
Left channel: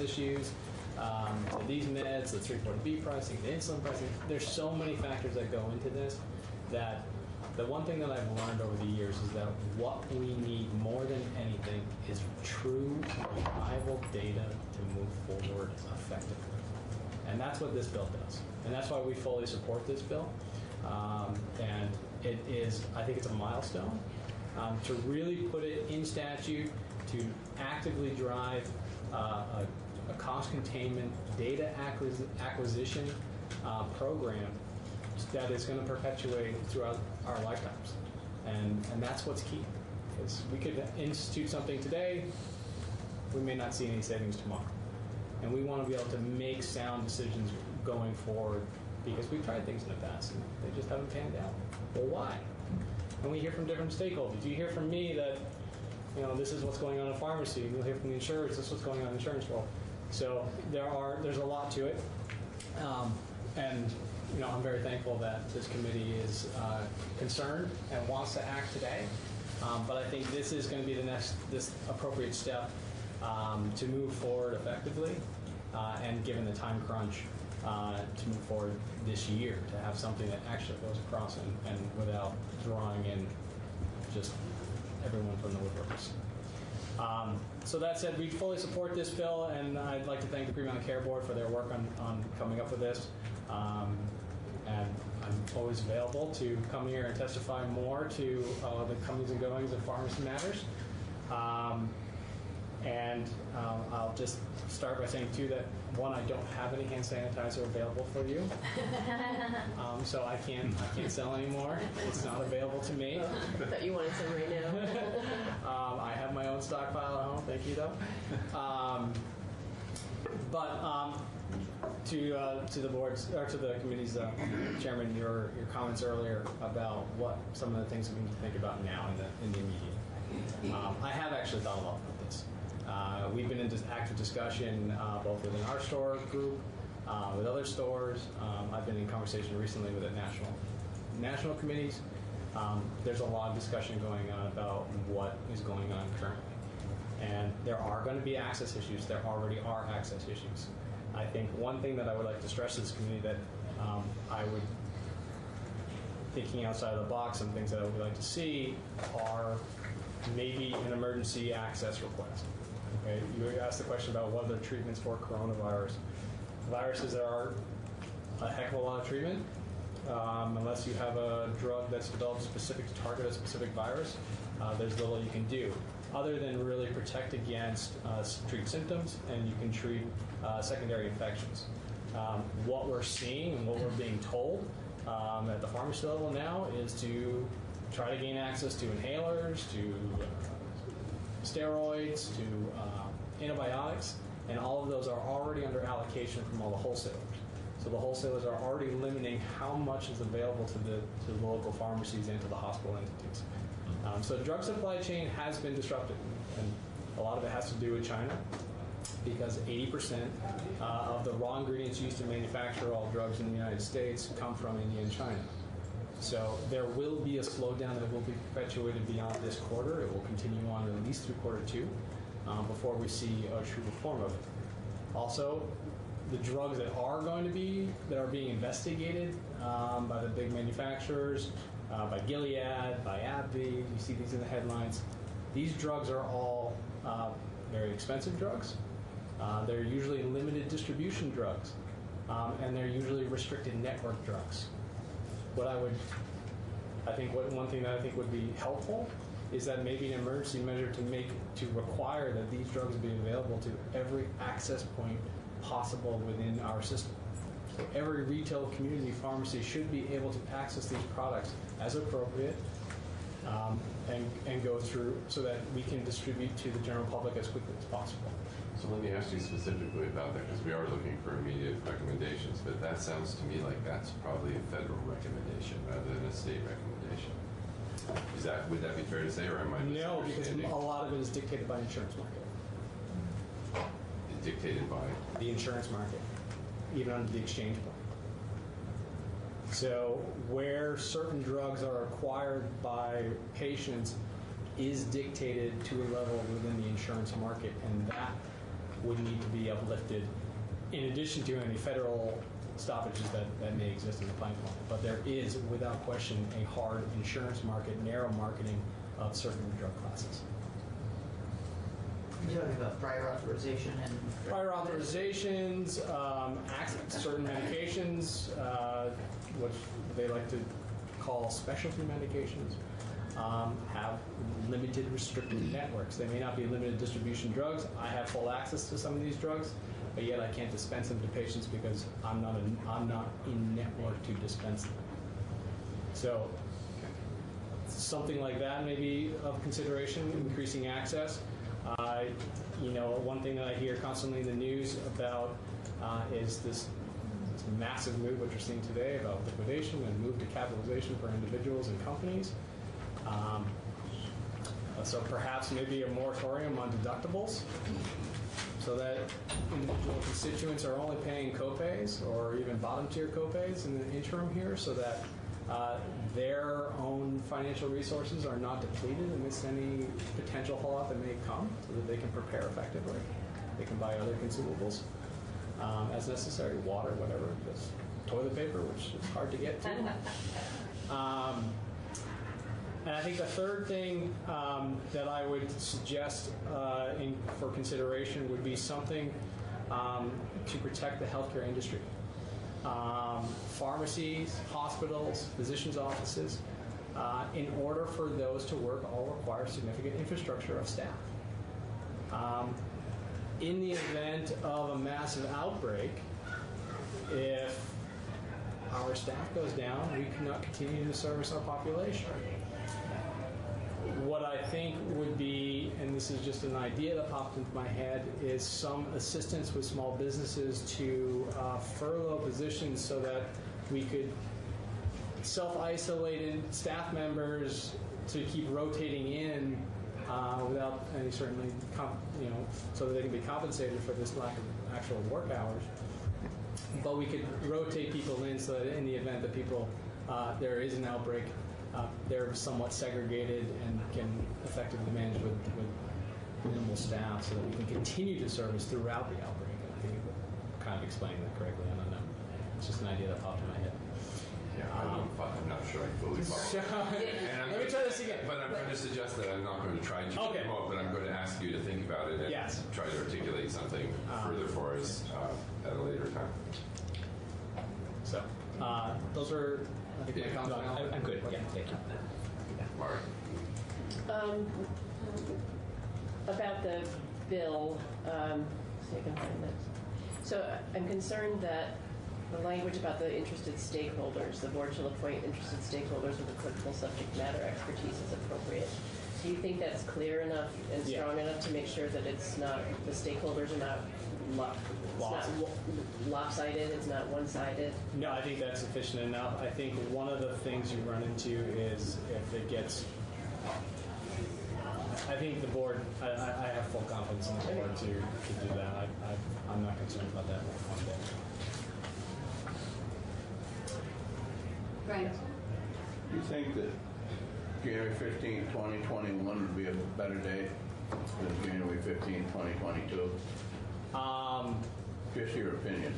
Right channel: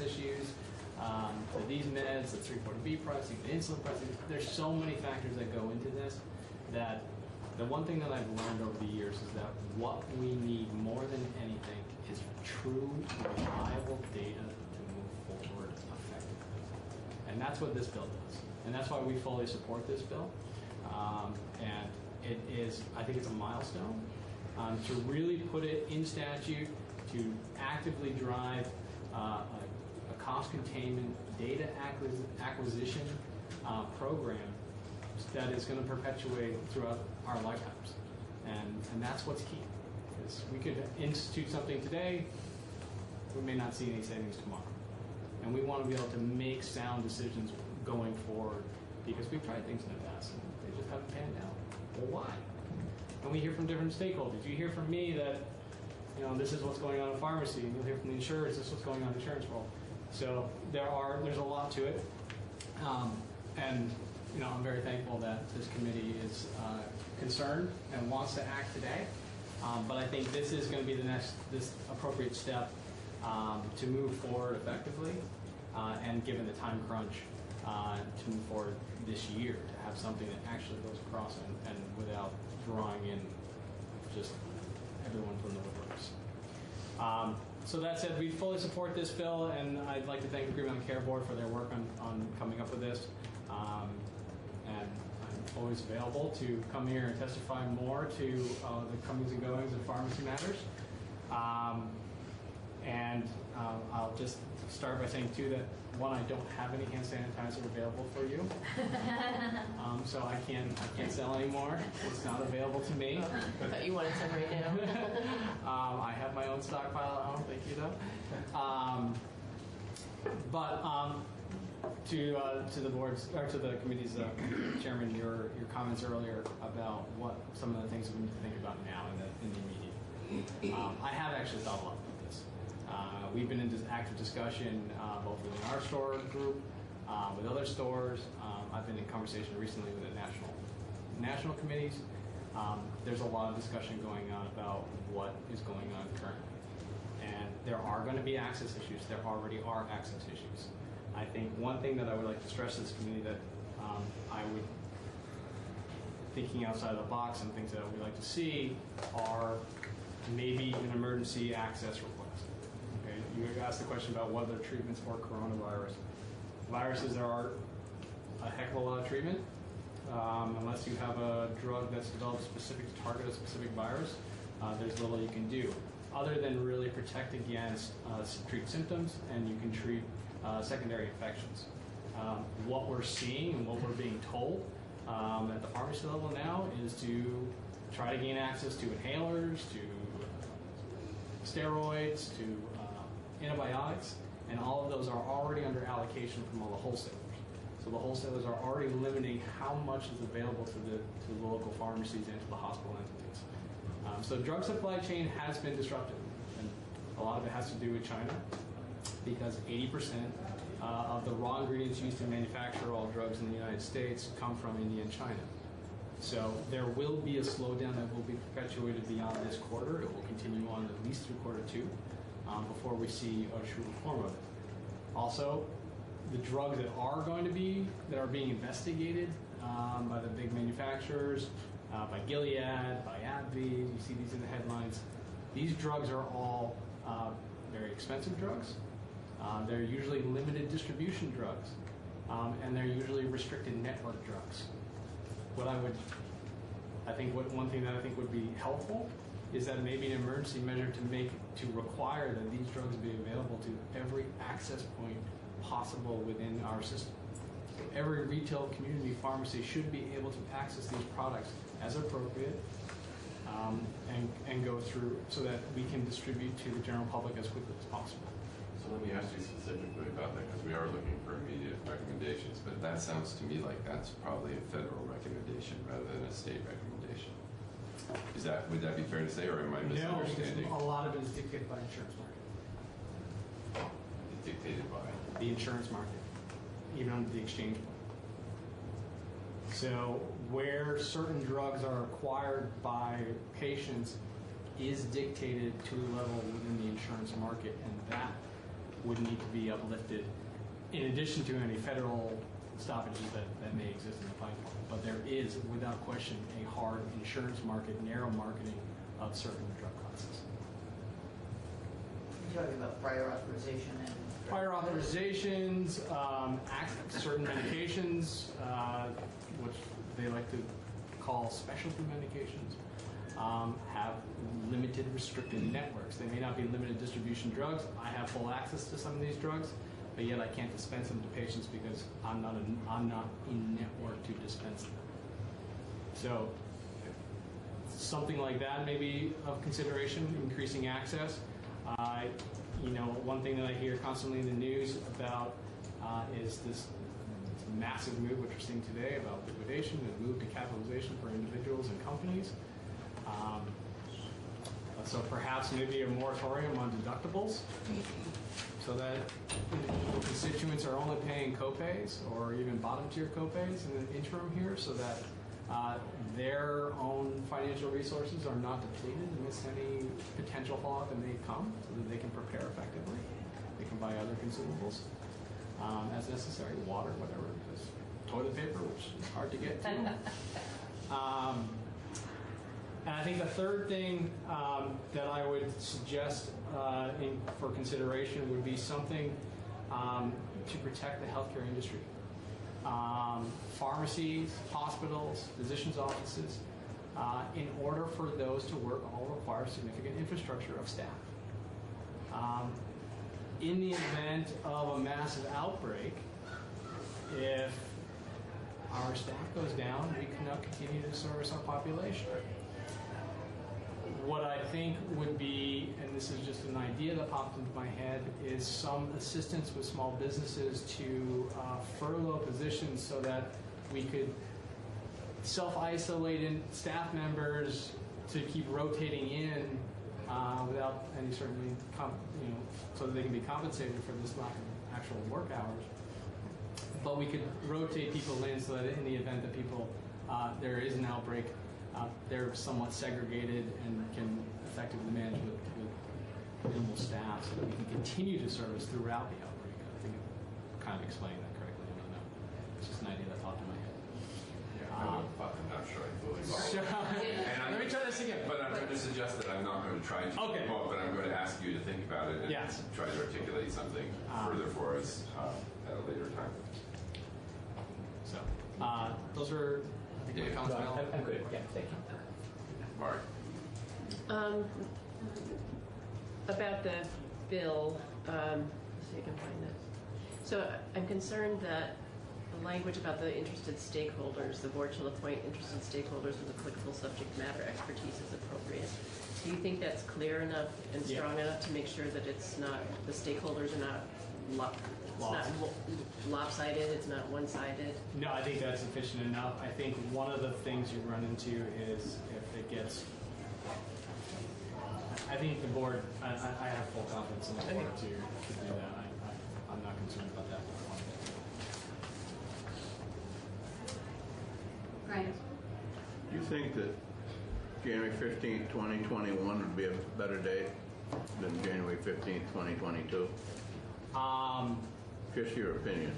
issues to these meds, the 340B pricing, the insulin pricing. There's so many factors that go into this that the one thing that I've learned over the years is that what we need more than anything is true, reliable data to move forward effectively. And that's what this bill does. And that's why we fully support this bill. And it is, I think it's a milestone to really put it in statute, to actively drive a cost containment data acquisition program that is going to perpetuate throughout our lifetimes. And that's what's key. Because we could institute something today, we may not see any savings tomorrow. And we want to be able to make sound decisions going forward because we've tried things in the past and they just haven't panned out. Well, why? And we hear from different stakeholders. You hear from me that, this is what's going on in pharmacy. You'll hear from the insurers, this is what's going on in insurance world. So there's a lot to it. And I'm very thankful that this committee is concerned and wants to act today. But I think this is going to be this appropriate step to move forward effectively and given the time crunch to move forward this year to have something that actually goes across and without drawing in just everyone from the woodworks. So that said, we fully support this bill, and I'd like to thank the Green Mountain Care Board for their work on coming up with this. And I'm always available to come here and testify more to the comings and goings of pharmacy matters. And I'll just start by saying, too, that one, I don't have any hand sanitizer available for you. So I can't sell anymore. It's not available to me. I thought you wanted some right now. I have my own stockpile at home. Thank you, though. To the board's or to the committee's chairman, your comments earlier about what some of the things we need to think about now in the immediate. I have actually thought a lot about this. We've been in active discussion both within our store group, with other stores. I've been in conversation recently with the national committees. There's a lot of discussion going on about what is going on currently. And there are going to be access issues. There already are access issues. I think one thing that I would like to stress to this community that I would, thinking outside of the box, some things that I would like to see are maybe an emergency access request. Okay? You asked the question about what are the treatments for coronavirus. Viruses, there are a heck of a lot of treatment. Unless you have a drug that's developed specific to target a specific virus, there's little you can do other than really protect against treat symptoms, and you can treat secondary infections. What we're seeing and what we're being told at the pharmacy level now is to try to gain access to inhalers, to steroids, to antibiotics, and all of those are already under allocation from all the wholesalers. So the wholesalers are already limiting how much is available to the local pharmacies and to the hospital entities. So the drug supply chain has been disrupted, and a lot of it has to do with China, because 80% of the raw ingredients used to manufacture all drugs in the United States come from India and China. So there will be a slowdown that will be perpetuated beyond this quarter. It will continue on at least through quarter 2 before we see a true reform of it. Also, the drugs that are being investigated by the big manufacturers, by Gilead, by AbbVie, you see these in the headlines. These drugs are all very expensive drugs. They're usually limited distribution drugs, and they're usually restricted network drugs. One thing that I think would be helpful is that maybe an emergency measure to require that these drugs be available to every access point possible within our system. So every retail community pharmacy should be able to access these products as appropriate and go through so that we can distribute to the general public as quickly as possible. So let me ask you specifically about that, because we are looking for immediate recommendations, but that sounds to me like that's probably a federal recommendation rather than a state recommendation. Would that be fair to say, or am I misunderstanding? No, because a lot of it is dictated by insurance market. Dictated by? The insurance market, even under the exchange book. So where certain drugs are acquired by patients is dictated to a level within the insurance market, and that would need to be uplifted in addition to any federal stoppages that may exist in the platform. But there is, without question, a hard insurance market, narrow marketing of certain drug classes. You're talking about prior authorization and... Prior authorizations, certain medications, which they like to call specialty medications, have limited restricted networks. They may not be limited distribution drugs. I have full access to some of these drugs, but yet I can't dispense them to patients because I'm not in network to dispense them. So something like that may be of consideration, increasing access. One thing that I hear constantly in the news about is this massive move, which we're seeing today, about liquidation and move to capitalization for individuals and companies. So perhaps maybe a moratorium on deductibles, so that constituents are only paying copays or even bottom tier copays in the interim here, so that their own financial resources are not depleted amidst any potential fallout that may come, so that they can prepare effectively. They can buy other consumables as necessary, water, whatever it is, toilet paper, which is hard to get to. And I think the third thing that I would suggest for consideration would be something to protect the healthcare industry. Pharmacies, hospitals, physicians' offices, in order for those to work, all require significant infrastructure of staff. In the event of a massive outbreak, if our staff goes down, we cannot continue to service our population. What I think would be, and this is just an idea that popped into my head, is some assistance with small businesses to furlough positions so that we could self-isolate in staff members to keep rotating in without any certainly, so that they can be compensated for this lack of actual work hours. But we could rotate people in so that in the event that there is an outbreak, they're somewhat segregated and can effectively manage with minimal staff, so that we can continue to service throughout the outbreak. I think it kind of explains something further for us at a later time. So, those were, I think, my comments. I'm good. Yeah, thank you. Mark? About the bill, so you can find that. So I'm concerned that the language about the interested stakeholders, the board shall appoint interested stakeholders with applicable subject matter expertise is appropriate. Do you think that's clear enough and strong enough to make sure that it's not, the stakeholders are not lopsided, it's not one-sided? No, I think that's sufficient enough. I think one of the things you run into is if it gets, I think the board, I have full confidence in the board to do that. I'm not concerned about that. Right. You think that January 15th, 2021 would be a better date than January 15th, 2022? Just your opinion.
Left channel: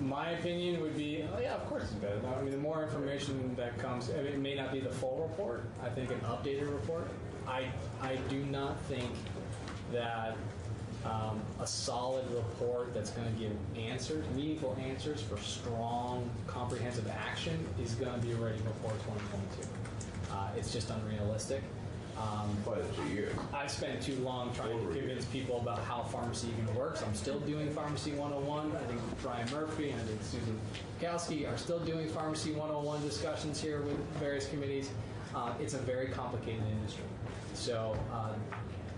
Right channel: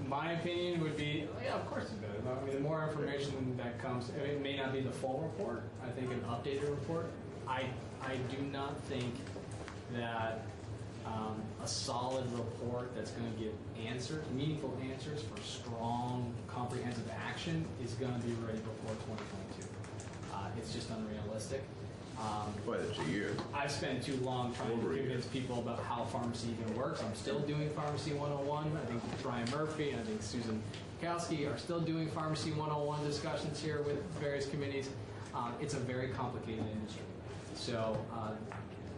My opinion would be, yeah, of course it's better. I mean, the more information that comes, I mean, it may not be the full report. I think an updated report. I do not think that a solid report that's going to give answers, meaningful answers for strong, comprehensive action is going to be ready before 2022. It's just unrealistic. Quite a year. I've spent too long trying to convince people about how pharmacy even works. I'm still doing Pharmacy 101. I think Brian Murphy and I think Susan Kowski are still doing Pharmacy 101 discussions here with various committees. It's a very complicated industry. So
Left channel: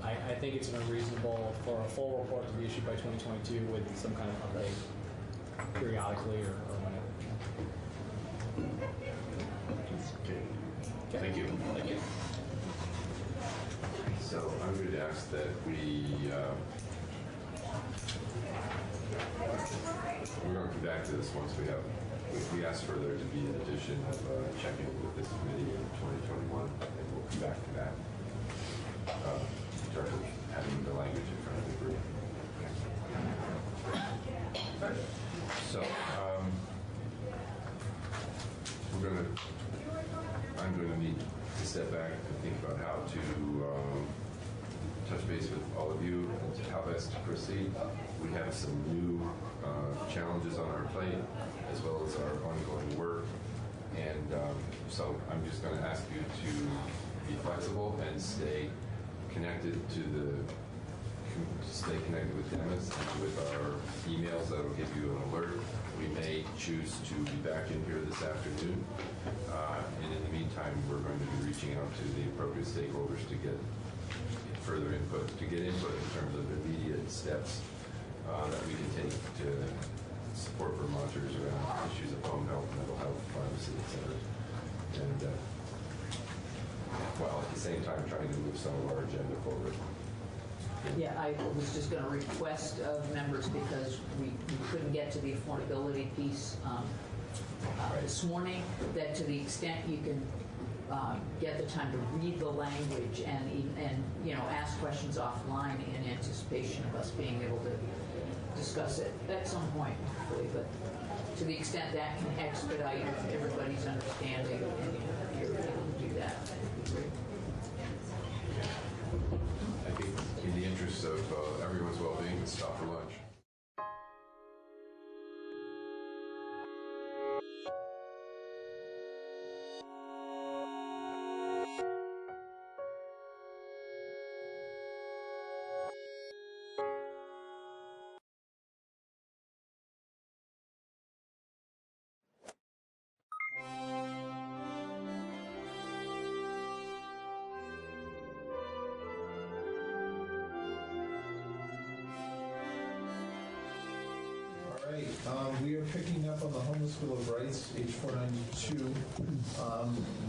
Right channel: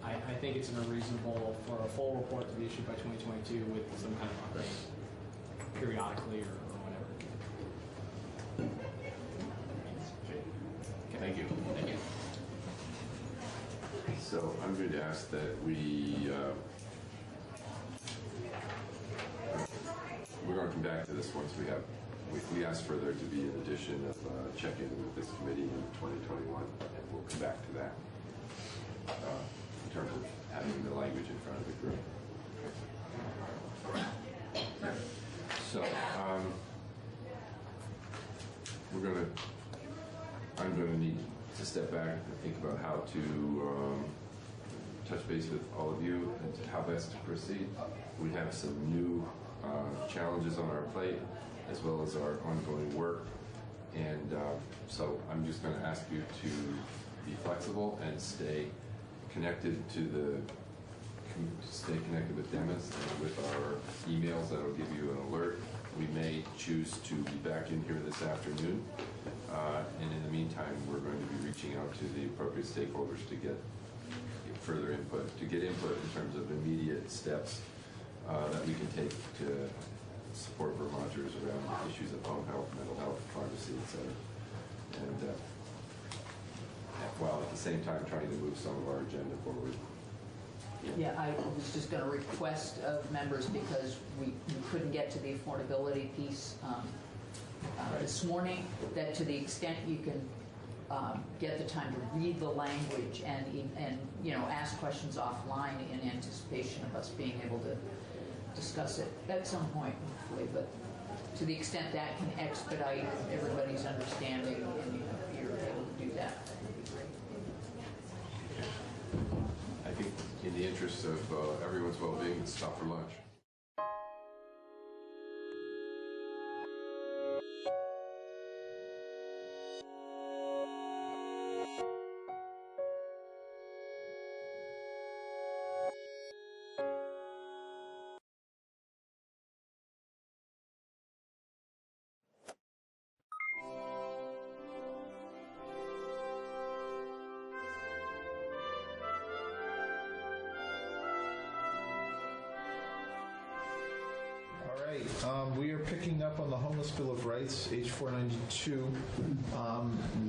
I think it's unreasonable for a full report to be issued by 2022 with some kind of update periodically or whatever. Okay. Thank you. Thank you. So I'm going to ask that we're going to come back to this once we asked for there to be an addition of check-in with this committee in 2021, and we'll come back to that in terms of having the language in front of the group. So I'm going to need to step back and think about how to touch base with all of you and how best to proceed. We have some new challenges on our plate as well as our ongoing work, and so I'm just going to ask you to be flexible and stay connected stay connected with Dennis and with our emails that will give you an alert. We may choose to be back in here this afternoon, and in the meantime, we're going to be reaching out to the appropriate stakeholders to get further input, in terms of immediate steps that we can take to support Vermonters around issues of home health, mental health, pharmacy, etc. And while at the same time trying to move some of our agenda forward. Yeah, I was just going to request of members, because we couldn't get to the affordability piece this morning, that to the extent you can get the time to read the language and ask questions offline in anticipation of us being able to discuss it at some point, hopefully. But to the extent that can expedite everybody's understanding and you're able to do that, that'd be great. I think in the interest of everyone's well-being, let's stop for lunch. We are picking up on the Homeless Bill of Rights, H492.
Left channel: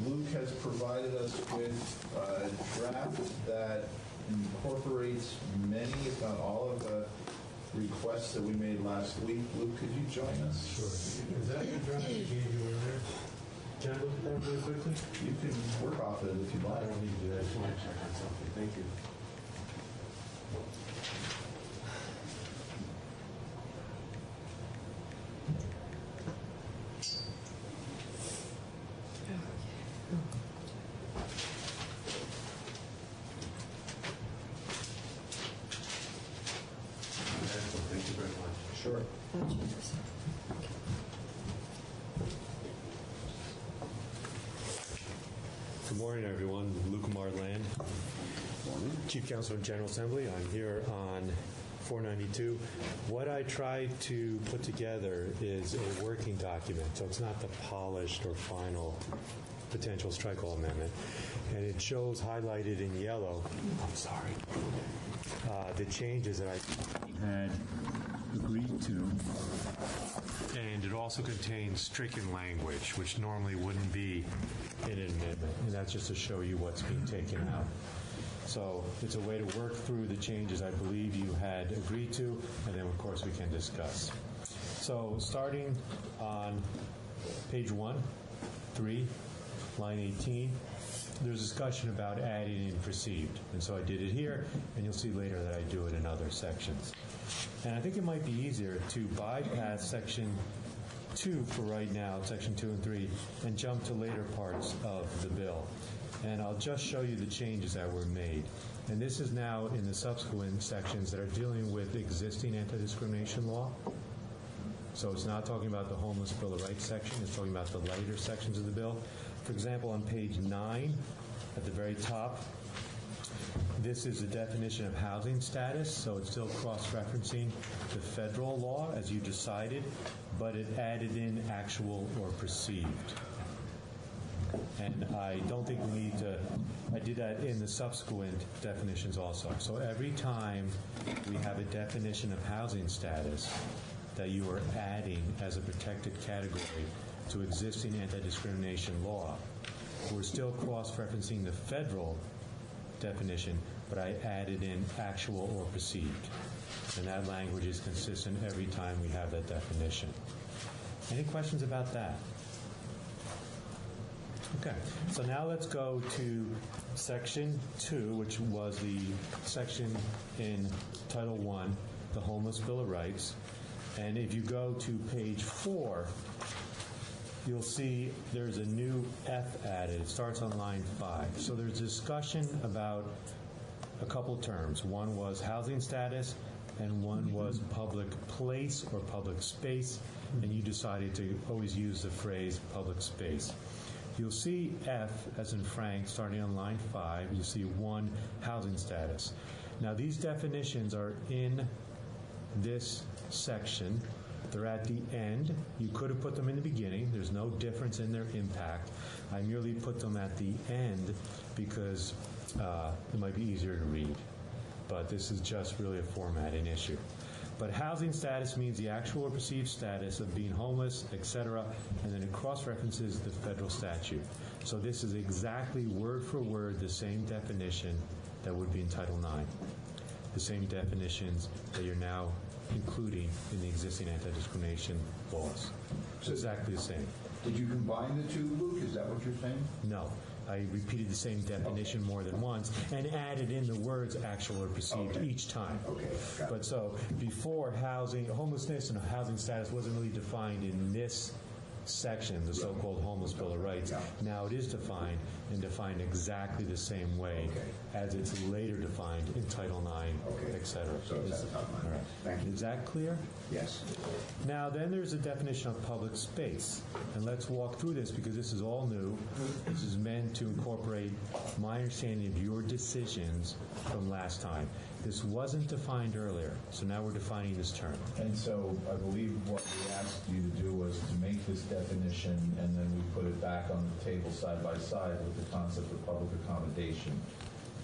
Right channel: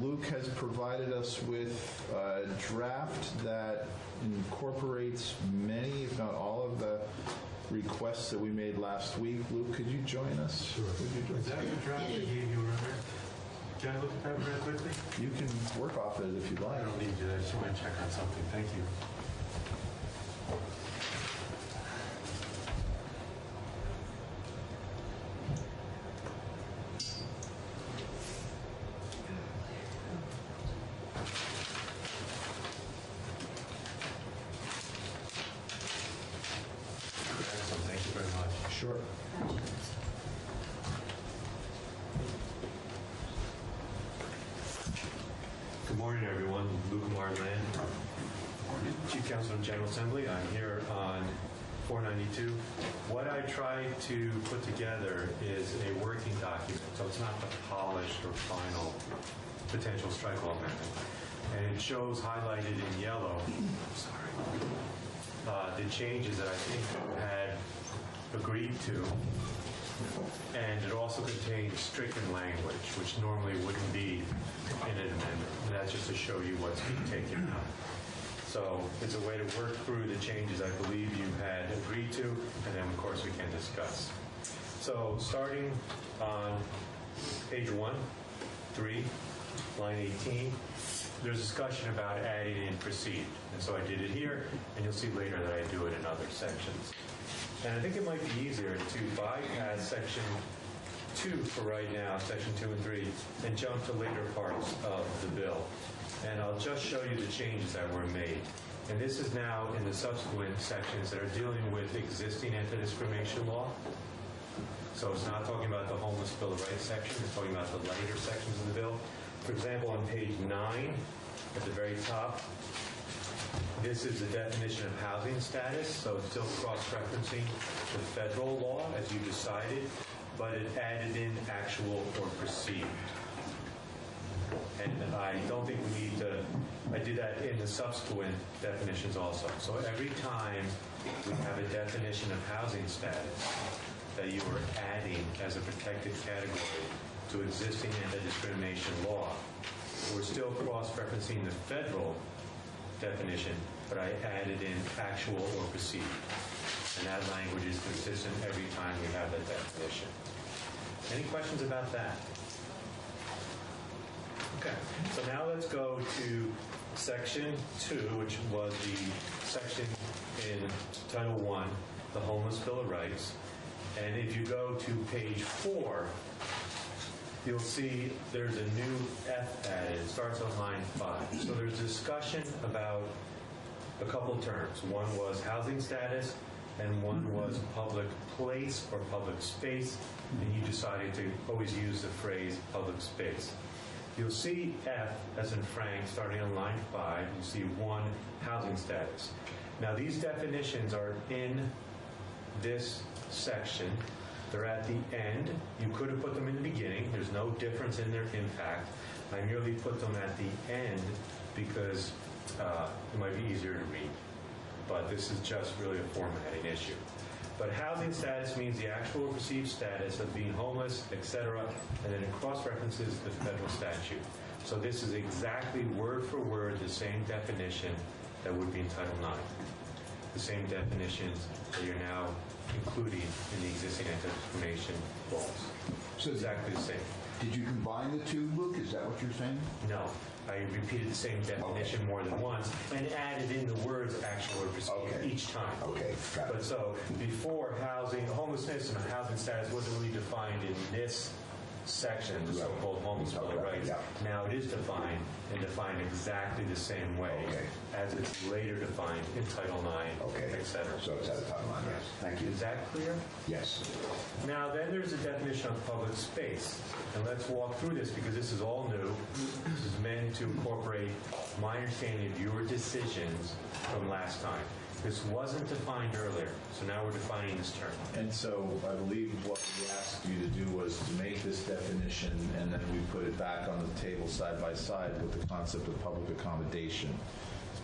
Luke has provided us with a draft that incorporates many, if not all, of the requests that we made last week. Luke, could you join us? Sure. Is that the draft they gave you earlier? Can I look at that really quickly? You can work off it if you'd like. I don't need to. I just want to check on something. Thank you. Good morning, everyone. Luke Marland, Chief Counsel and General Assembly. I'm here on 492. What I tried to put together is a working document, so it's not the polished or final potential strike law amendment. And it shows highlighted in yellow, the changes that I think you had agreed to. And it also contains stricken language, which normally wouldn't be in an amendment. And that's just to show you what's being taken out. So it's a way to work through the changes I believe you had agreed to, and then of course we can discuss. So starting on page 1, 3, line 18, there's discussion about adding in perceived. And so I did it here, and you'll see later that I do it in other sections. And I think it might be easier to bypass section 2 for right now, section 2 and 3, and jump to later parts of the bill. And I'll just show you the changes that were made. And this is now in the subsequent sections that are dealing with existing anti-discrimination law. So it's not talking about the Homeless Bill of Rights section, it's talking about the later sections of the bill. For example, on page 9, at the very top, this is the definition of housing status, so it's still cross-referencing the federal law as you decided, but it added in actual or perceived. And I don't think we need to, I did that in the subsequent definitions also. So every time we have a definition of housing status that you are adding as a protected category to existing anti-discrimination law, we're still cross-referencing the federal definition, but I added in actual or perceived. And that language is consistent every time we have that definition. Any questions about that? Okay, so now let's go to section 2, which was the section in Title I, the Homeless Bill of Rights. And if you go to page 4, you'll see there's a new F added. It starts on line 5. So there's discussion about a couple terms. One was housing status, and one was public place or public space, and you decided to always use the phrase public space. You'll see F, as in Frank, starting on line 5. You see 1, housing status. Now, these definitions are in this section. They're at the end. You could have put them in the beginning. There's no difference in their impact. I merely put them at the end because it might be easier to read. But this is just really a formatting issue. But housing status means the actual or perceived status of being homeless, etc., and then it cross-references the federal statute. So this is exactly word for word the same definition that would be in Title IX. The same definitions that you're now including in the existing anti-discrimination laws. So exactly the same. Did you combine the two, Luke? Is that what you're saying? No. I repeated the same definition more than once and added in the words actual or perceived each time. Okay. But so before housing, homelessness and housing status wasn't really defined in this section, the so-called Homeless Bill of Rights. Now it is defined and defined exactly the same way as it's later defined in Title IX, etc. So it's at Title IX, yes. Thank you. Is that clear? Yes. Now then there's a definition of public space. And let's walk through this because this is all new. This is meant to incorporate my understanding of your decisions from last time. This wasn't defined earlier, so now we're defining this term. And so I believe what we asked you to do was to make this definition, and then we put it back on the table side by side with the concept of public accommodation.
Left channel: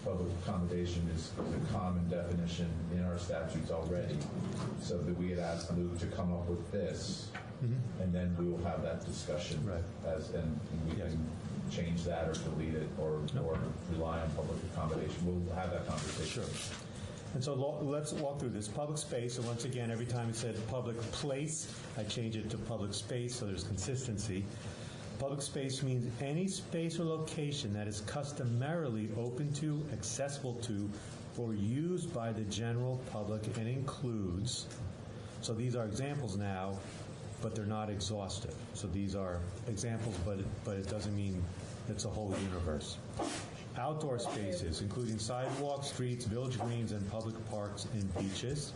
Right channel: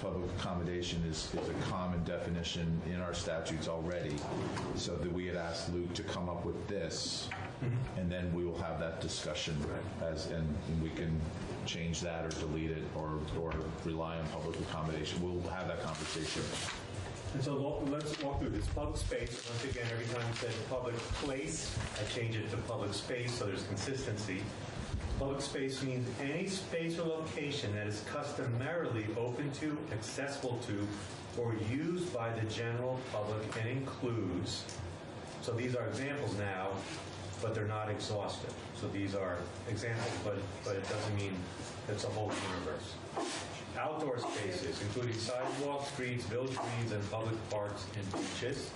Public accommodation is a common definition in our statutes already, so that we had asked Luke to come up with this, and then we will have that discussion, and we can change that or delete it or rely on public accommodation. We'll have that conversation. And so let's walk through this. Public space, and once again, every time it said public place, I change it to public space so there's consistency. Public space means any space or location that is customarily open to, accessible to, or used by the general public and includes, so these are examples now, but they're not exhaustive. So these are examples, but it doesn't mean it's a whole universe. Outdoor spaces, including sidewalks, streets, village greens, and public parks and beaches.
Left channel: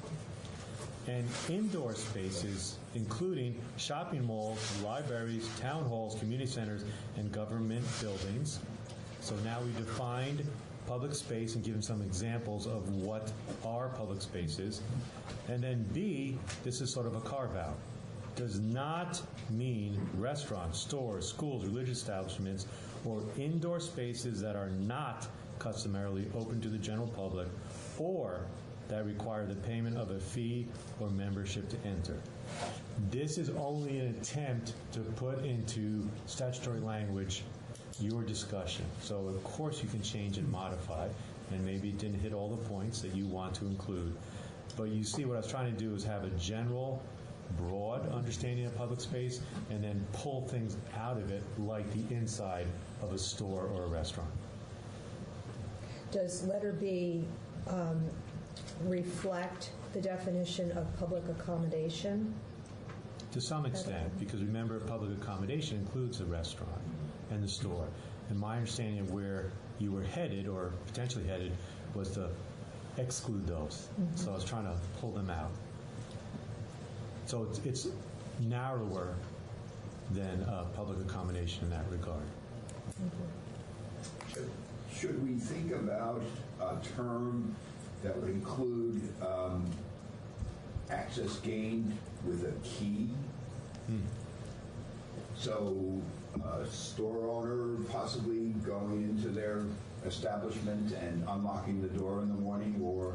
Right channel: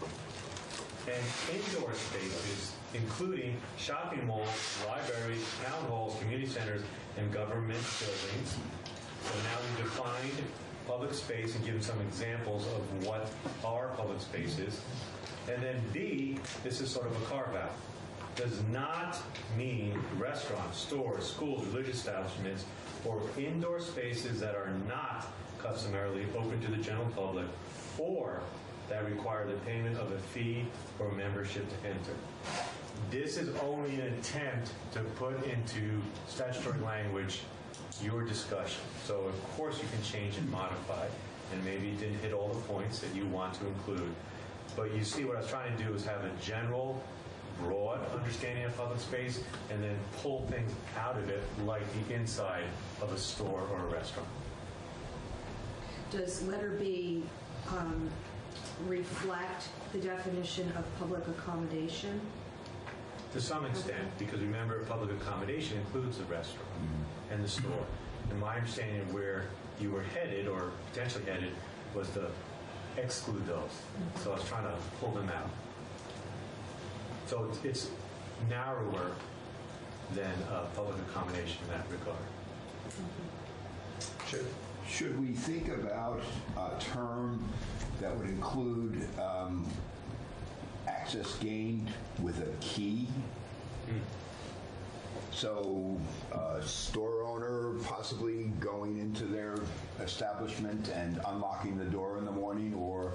And indoor spaces including shopping malls, libraries, town halls, community centers, and government buildings. So now we defined public space and given some examples of what are public spaces. And then B, this is sort of a carve-out. Does not mean restaurants, stores, schools, religious establishments, or indoor spaces that are not customarily open to the general public or that require the payment of a fee or membership to enter. This is only an attempt to put into statutory language your discussion. So of course you can change and modify, and maybe it didn't hit all the points that you want to include. But you see what I was trying to do is have a general, broad understanding of public space and then pull things out of it like the inside of a store or a restaurant. Does letter B reflect the definition of public accommodation? To some extent, because remember, public accommodation includes the restaurant and the store. And my understanding of where you were headed, or potentially headed, was to exclude those. So I was trying to pull them out. So it's narrower than public accommodation in that regard. Should we think about a term that would include access gained with a key? So a store owner possibly going into their establishment and unlocking the door in the morning, or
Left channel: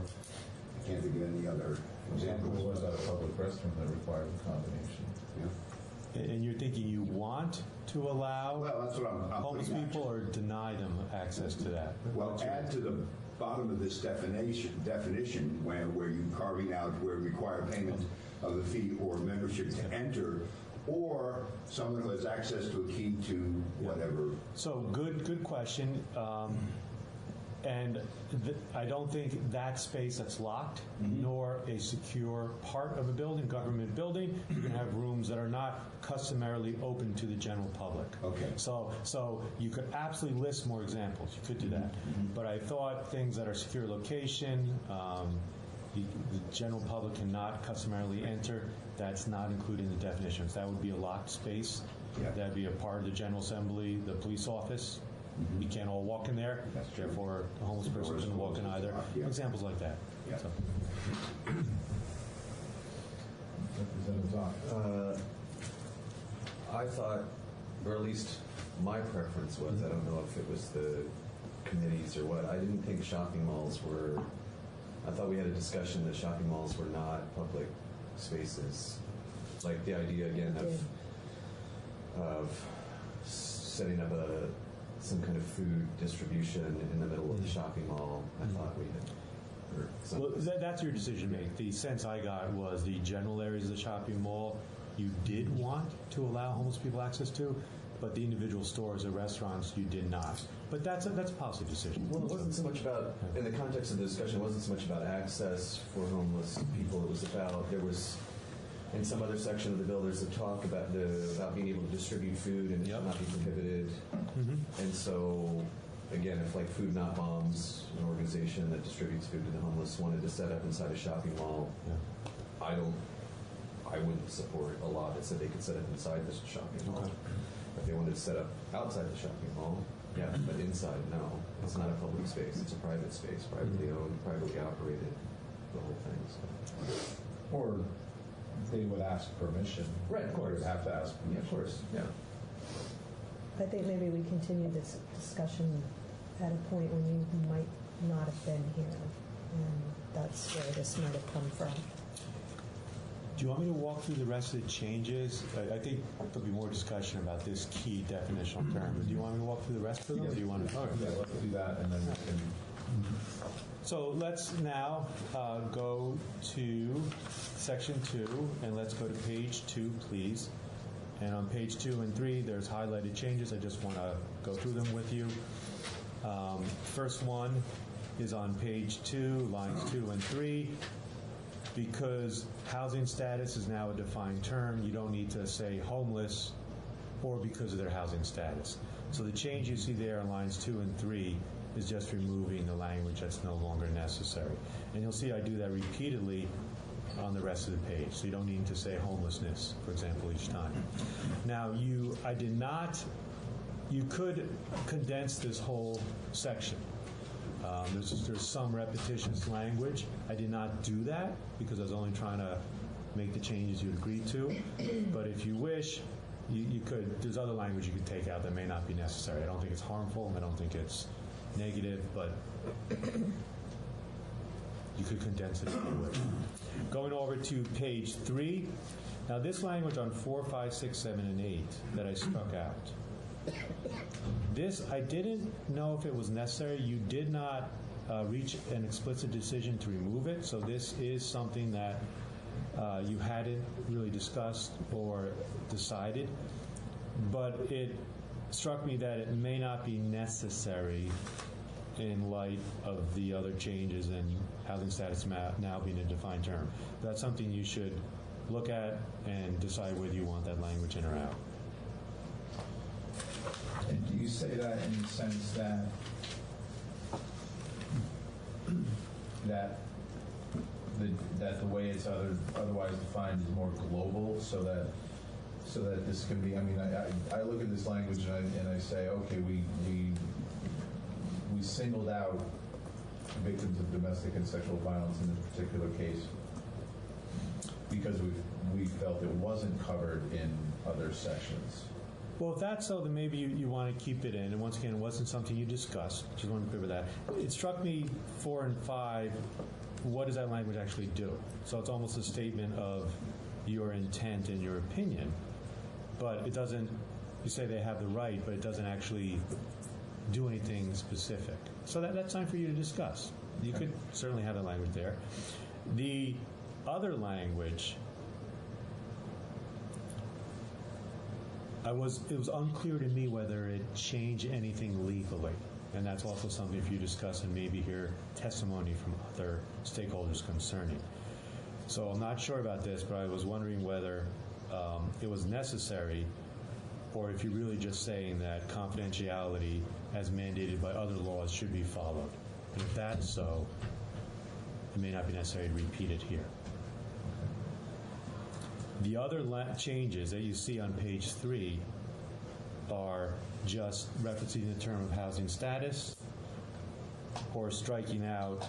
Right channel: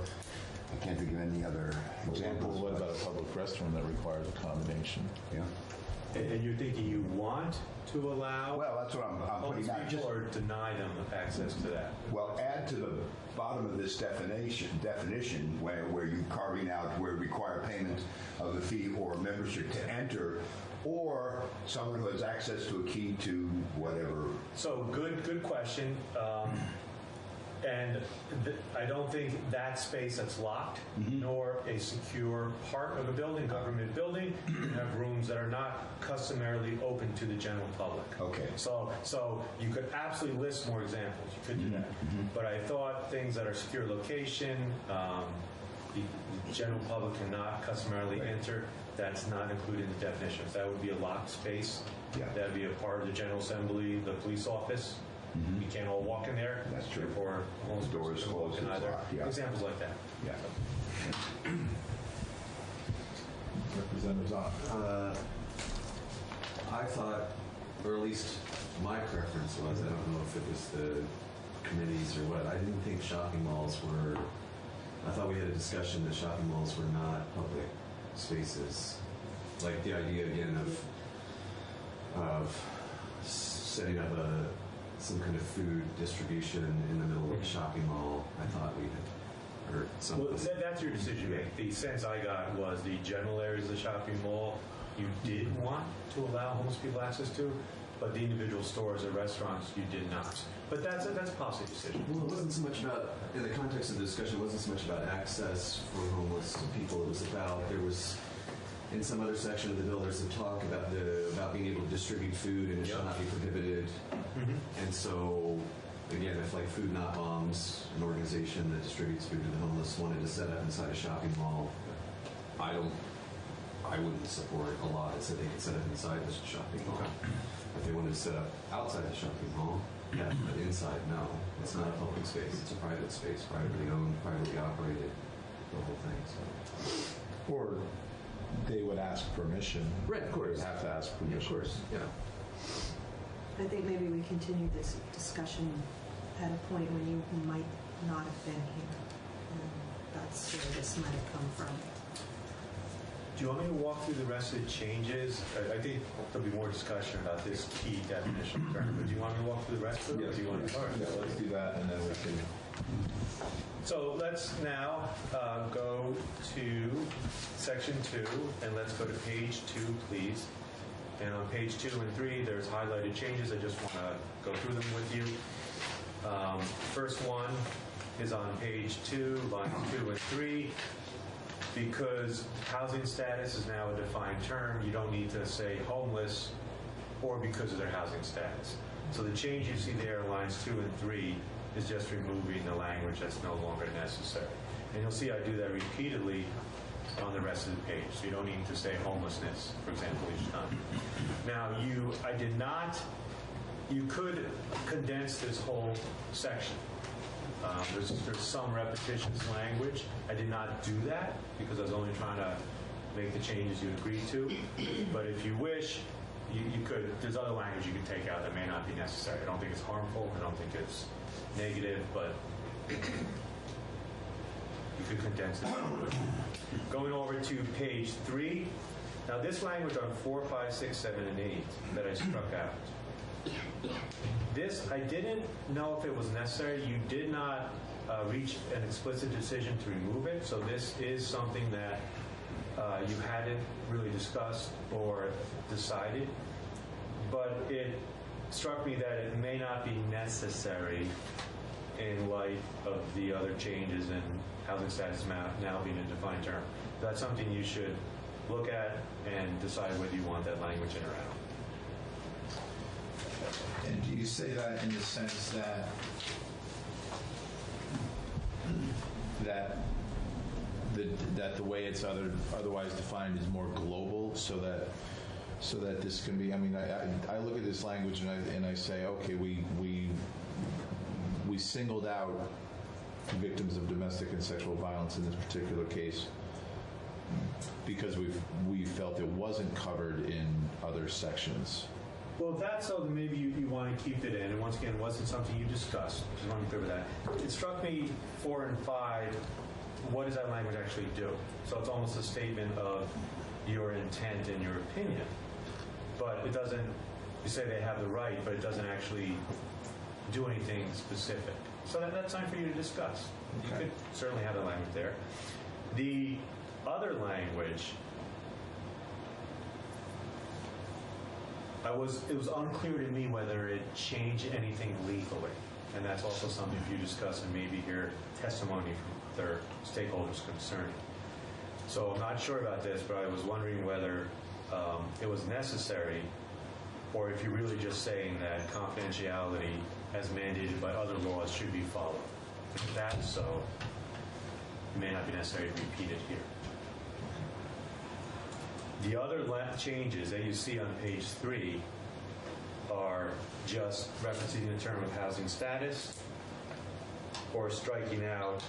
I can't think of any other examples. What's a public restaurant that requires accommodation? Yeah. And you're thinking you want to allow that's what I'm homeless putting people or deny them access to that? Well, add to the bottom of this definition where you're carving out where require payment of the fee or membership to enter, or someone who has access to a key to whatever. So good question. And I don't think that space that's locked, nor a secure part of a building, government building, you can have rooms that are not customarily open to the general public. Okay. So you could absolutely list more examples. You could do that. But I thought things that are secure location, the general public cannot customarily enter, that's not included in the definitions. That would be a locked space. Yeah. That'd be a part of the General Assembly, the police office. You can't all walk in there. That's true. Therefore, a homeless person can walk in either. Yeah. Examples like that. Yeah. So. Representative Zoff. I thought, or at least my preference was, I don't know if it was the committees or what, I didn't think shopping malls were, I thought we had a discussion that shopping malls were not public spaces. Like the idea again of setting up some kind of food distribution in the middle of a shopping mall. I thought we had heard something. Well, that's your decision to make. The sense I got was the general areas of the shopping mall you did want to allow homeless people access to, but the individual stores or restaurants you did not. But that's a policy decision. Well, it wasn't so much about, in the context of the discussion, it wasn't so much about access for homeless people. It was about, there was, in some other section of the bill, there's a talk about being able to distribute food and it should not be prohibited. And so, again, if like Food Not Bombs, an organization that distributes food to the homeless, wanted to set up inside a shopping mall, I wouldn't support a law that said they could set up inside the shopping mall. If they wanted to set up outside the shopping mall, yeah, but inside, no. It's not a public space. It's a private space, privately owned, privately operated, the whole thing. So. Or they would ask permission. Right, of course. They would have to ask permission. Of course, yeah. I think maybe we continue this discussion at a point when you might not have been here. And that's where this might have come from. Do you want me to walk through the rest of the changes? I think there'll be more discussion about this key definitional term. But do you want me to walk through the rest of them? Or do you want to? Yeah, let's do that, and then we can. So let's now go to section 2, and let's go to page 2, please. And on page 2 and 3, there's highlighted changes. I just want to go through them with you. First one is on page 2, lines 2 and 3. Because housing status is now a defined term, you don't need to say homeless or because of their housing status. So the change you see there in lines 2 and 3 is just removing the language that's no longer necessary. And you'll see I do that repeatedly on the rest of the page. So you don't need to say homelessness, for example, each time. Now, you could condense this whole section. There's some repetitious language. I did not do that because I was only trying to make the changes you'd agree to. But if you wish, you could, there's other language you could take out that may not be necessary. I don't think it's harmful. I don't think it's negative, but you could condense it a little bit. Going over to page 3. Now this language on 4, 5, 6, 7, and 8 that I struck out. This, I didn't know if it was necessary. You did not reach an explicit decision to remove it, so this is something that you hadn't really discussed or decided, but it struck me that it may not be necessary in light of the other changes in housing status now being a defined term. That's something you should look at and decide whether you want that language in or out. And do you say that in the sense that that the way it's otherwise defined is more global, so that this can be? I mean, I look at this language and I say, okay, we singled out victims of domestic and sexual violence in this particular case because we felt it wasn't covered in other sections. Well, if that's so, then maybe you want to keep it in. And once again, it wasn't something you discussed. Just want to be clear with that. It struck me 4 and 5, what does that language actually do? So it's almost a statement of your intent and your opinion. But it doesn't, you say they have the right, but it doesn't actually do anything specific. So that's time for you to discuss. You could certainly have the language there. The other language, it was unclear to me whether it changed anything legally. And that's also something if you discuss and maybe hear testimony from other stakeholders concerning. So I'm not sure about this, but I was wondering whether it was necessary or if you're really just saying that confidentiality as mandated by other laws should be followed. If that's so, it may not be necessary to repeat it here. The other changes that you see on page 3 are just referencing the term of housing status or striking out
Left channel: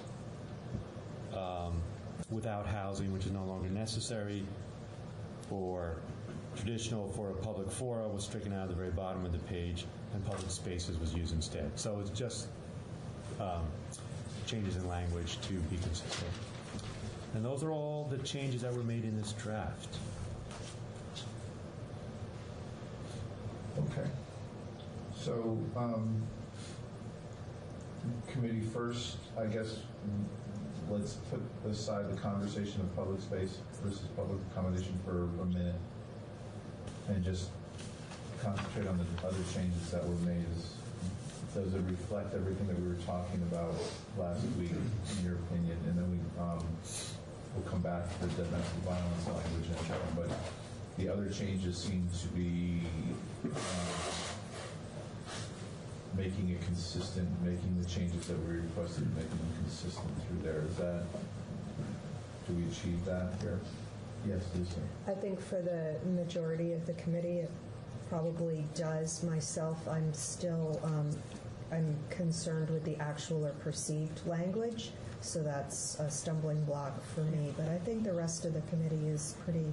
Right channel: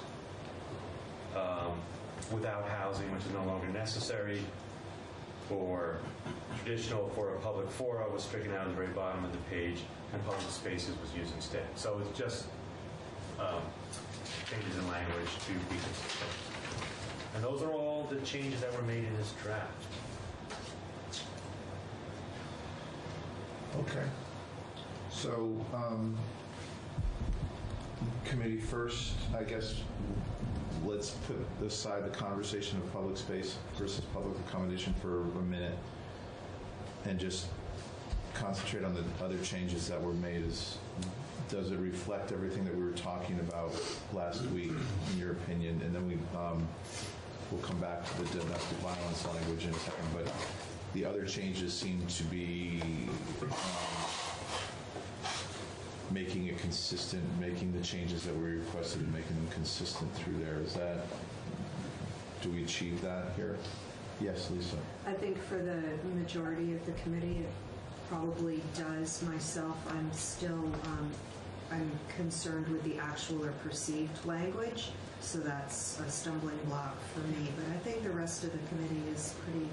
without housing, which is no longer necessary, or traditional for a public fora was stricken out at the very bottom of the page, and public spaces was used instead. So it's just changes in language to be consistent. And those are all the changes that were made in this draft. Okay. So, committee first, I guess, let's put aside the conversation of public space versus public accommodation for a minute and just concentrate on the other changes that were made. Does it reflect everything that we were talking about last week, in your opinion? And then we'll come back to the domestic violence language in a second, but the other changes seem to be making it consistent, making the changes that we requested and making them consistent through there. Do we achieve that here? Yes, Lisa. I think for the majority of the committee, it probably does. Myself, I'm still, I'm concerned with the actual or perceived language, so that's a stumbling block for me. But I think the rest of the committee is pretty,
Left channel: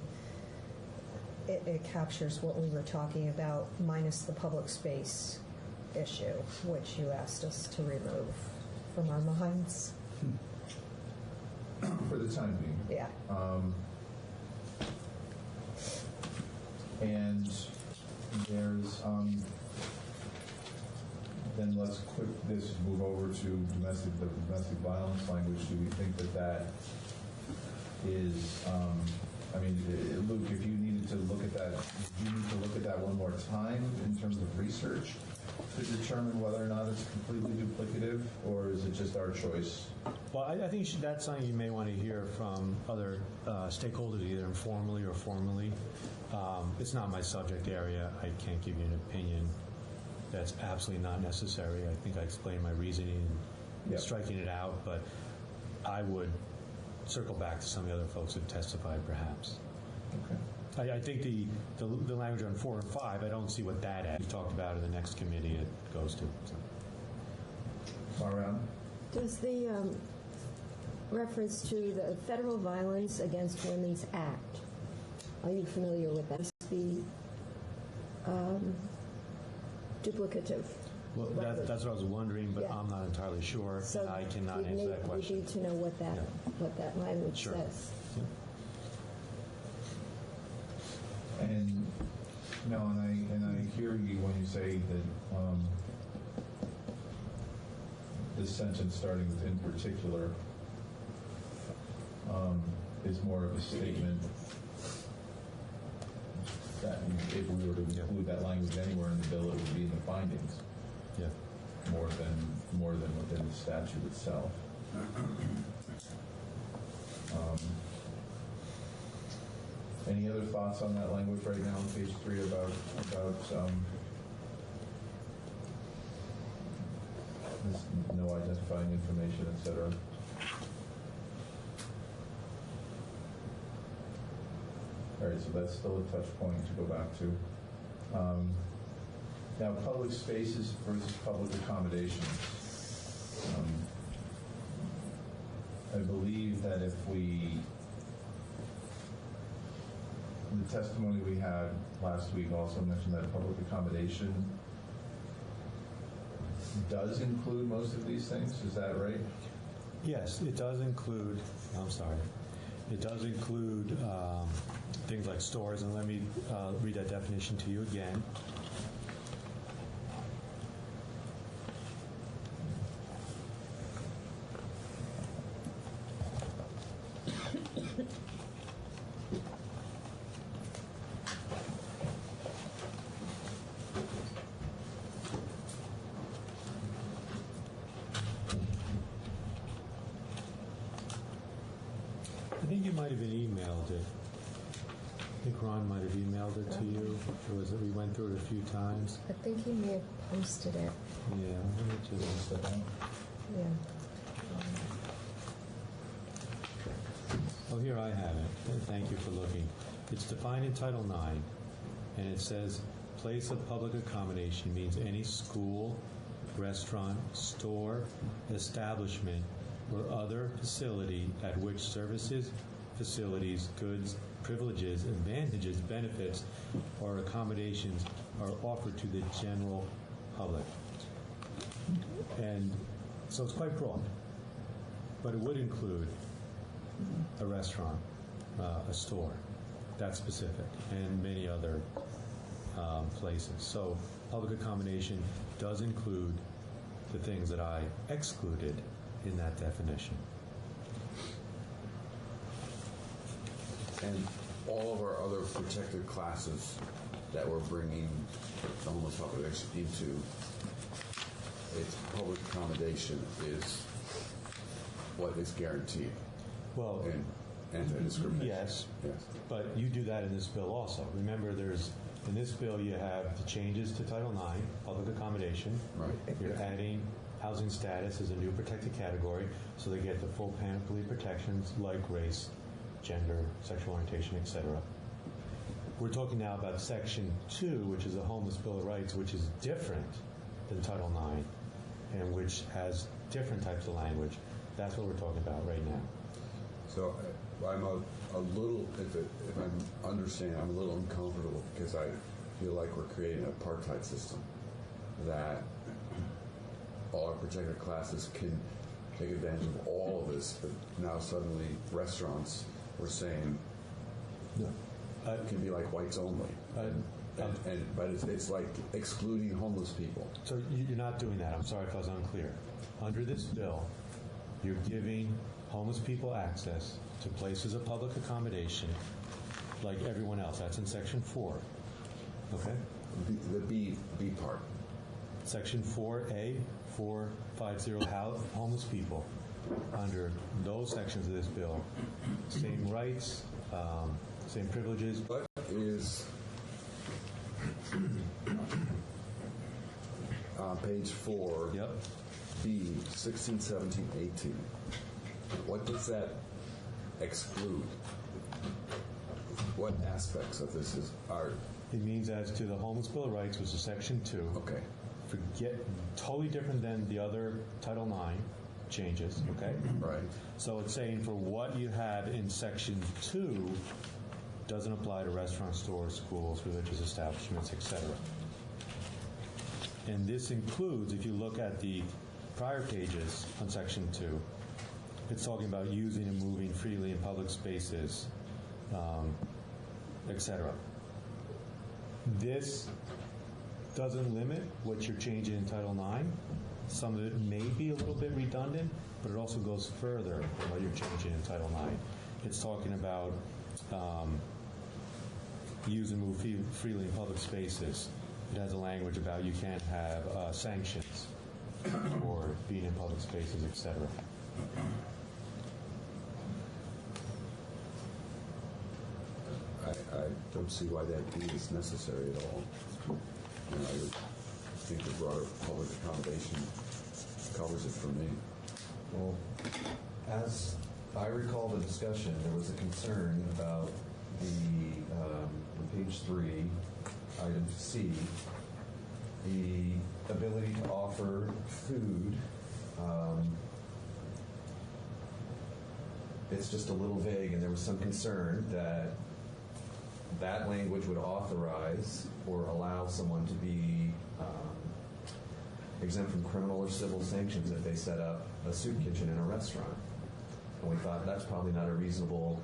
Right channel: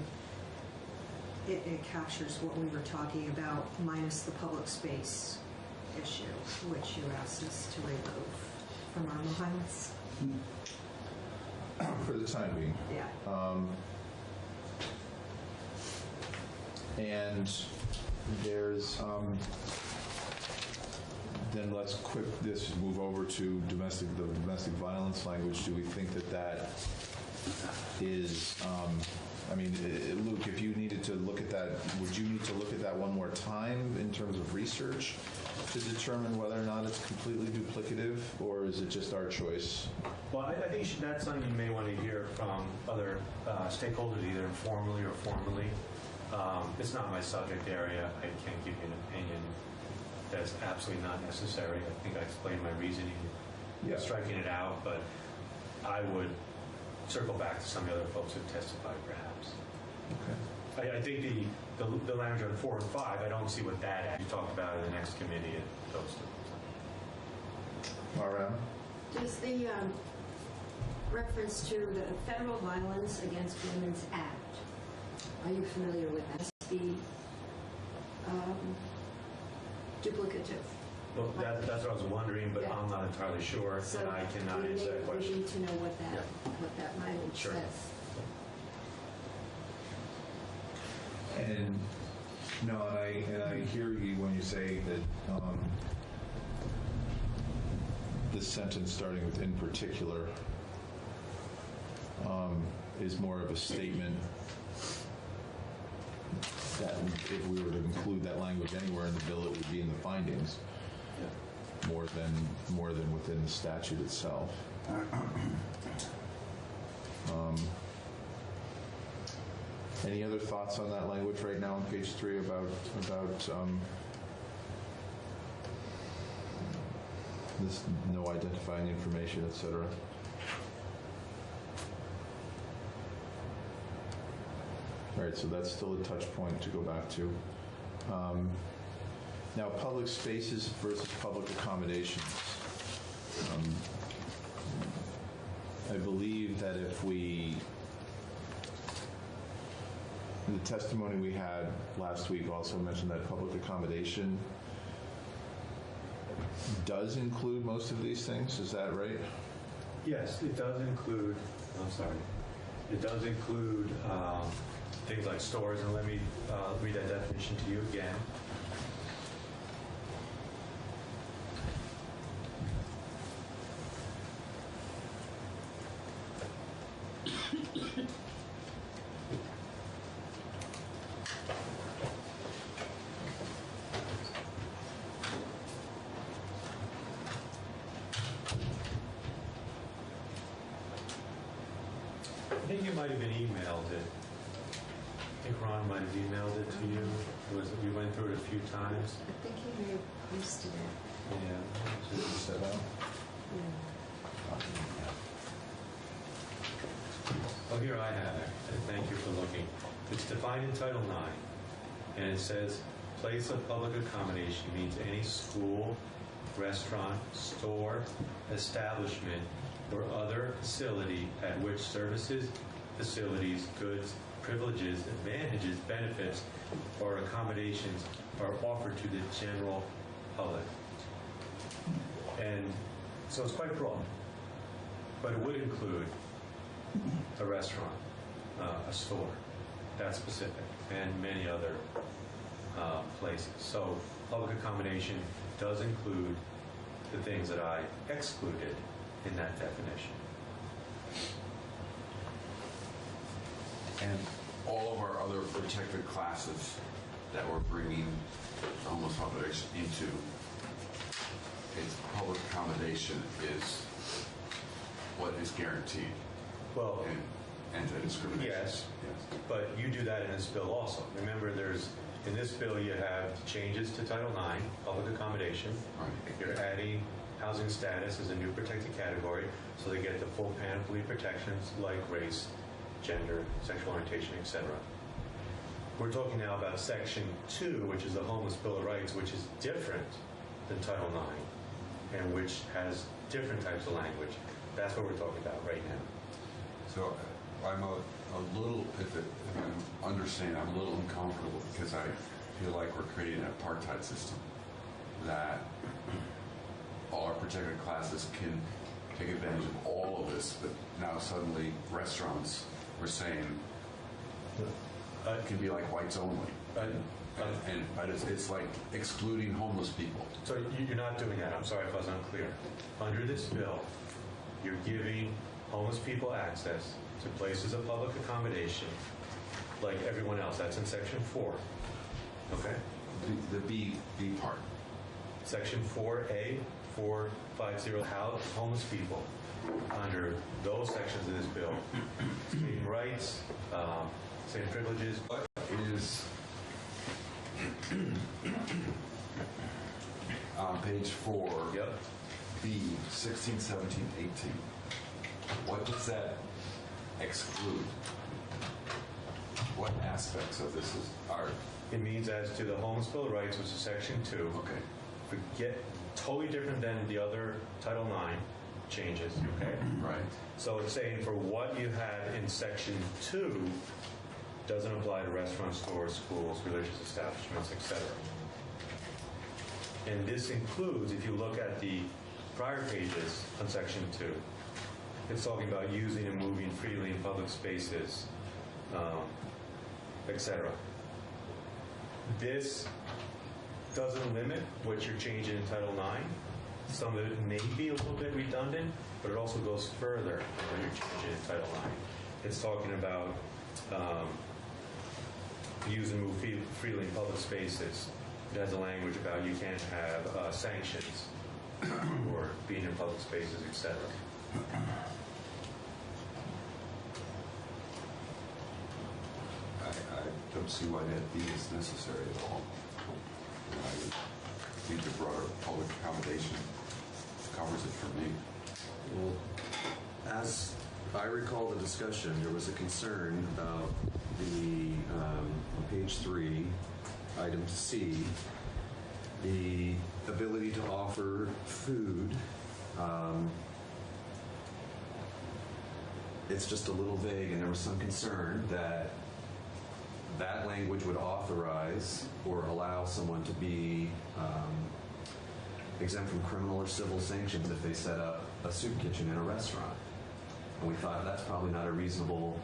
it captures what we were talking about, minus the public space issue, which you asked us to remove from our minds. For the time being. Yeah. And there's, then let's move over to the domestic violence language. Do we think that is, I mean, Luke, if you needed to look at that, would you need to look at that one more time in terms of research to determine whether or not it's completely duplicative, or is it just our choice? Well, I think that's something you may want to hear from other stakeholders, either informally or formally. It's not my subject area. I can't give you an opinion that's absolutely not necessary. I think I explained my reasoning in striking it out, but I would circle back to some of the other folks who've testified, perhaps. I think the language on 4 and 5, I don't see what that adds. You talked about it in the next committee, those two. All right. Does the reference to the Federal Violence Against Women's Act, are you familiar with that? Be duplicative? Well, that's what I was wondering, but I'm not entirely sure, So and I cannot answer that question. We need to know what that language Sure. says. And no, and I hear you when you say that this sentence starting with "in particular" is more of a statement that if we were to include that language anywhere in the bill, it would be in the findings. Yeah. More than within the statute itself. Any other thoughts on that language right now on page 3 about this no identifying information, etc.? All right, so that's still a touch point to go back to. Now, public spaces versus public accommodations. I believe that if we, in the testimony we had last week also mentioned that public accommodation does include most of these things, is that right? Yes, it does include, it does include things like stores, and let me read that definition to you again. I think you might have been emailed it. I think Ron might have emailed it to you. Or was it, we went through it a few times. I think he may have posted it. Yeah. Set out. Yeah. Oh, here I have it. Thank you for looking. It's defined in Title IX, and it says, place of public accommodation means any school, restaurant, store, establishment, or other facility at which services, facilities, goods, privileges, advantages, benefits, or accommodations are offered to the general public. And so it's quite broad, but it would include a restaurant, a store, that's specific, and many other places. So public accommodation does include the things that I excluded in that definition. And all of our other protected classes that we're bringing homeless population into, its public accommodation is what is guaranteed. Well, and anti-discrimination. Yes, but you do that in this bill also. Remember, in this bill you have changes to Title IX, public accommodation. Right. You're adding housing status as a new protected category, so they get the full panoply of protections like race, gender, sexual orientation, etc. We're talking now about Section 2, which is the Homeless Bill of Rights, which is different than Title IX, and which has different types of language. That's what we're talking about right now. So I'm a little, if I'm understanding, I'm a little uncomfortable because I feel like we're creating an apartheid system that all our protected classes can take advantage of all of this, but now suddenly restaurants, we're saying it can be like whites only. But it's like excluding homeless people. So you're not doing that. I'm sorry if I was unclear. Under this bill, you're giving homeless people access to places of public accommodation like everyone else. That's in Section 4. Okay? The B part. Section 4A, 450, homeless people. Under those sections of this bill, same rights, same privileges. What is on page 4, yep. B, 16, 17, 18. What does that exclude? What aspects of this are? It means as to the Homeless Bill of Rights, which is Section 2. Okay. Forget, totally different than the other Title IX changes, okay? Right. So it's saying for what you have in Section 2 doesn't apply to restaurants, stores, schools, religious establishments, etc. And this includes, if you look at the prior pages on Section 2, it's talking about using and moving freely in public spaces, etc. This doesn't limit what you're changing in Title IX. Some of it may be a little bit redundant, but it also goes further than what you're changing in Title IX. It's talking about use and move freely in public spaces. It has a language about you can't have sanctions or being in public spaces, etc. I don't see why that D is necessary at all. And I would think the broader public accommodation covers it for me. Well, as I recall the discussion, there was a concern about the, on page 3, item C, the ability to offer food. It's just a little vague, and there was some concern that that language would authorize or allow someone to be exempt from criminal or civil sanctions if they set up a soup kitchen in a restaurant. And we thought that's probably not a reasonable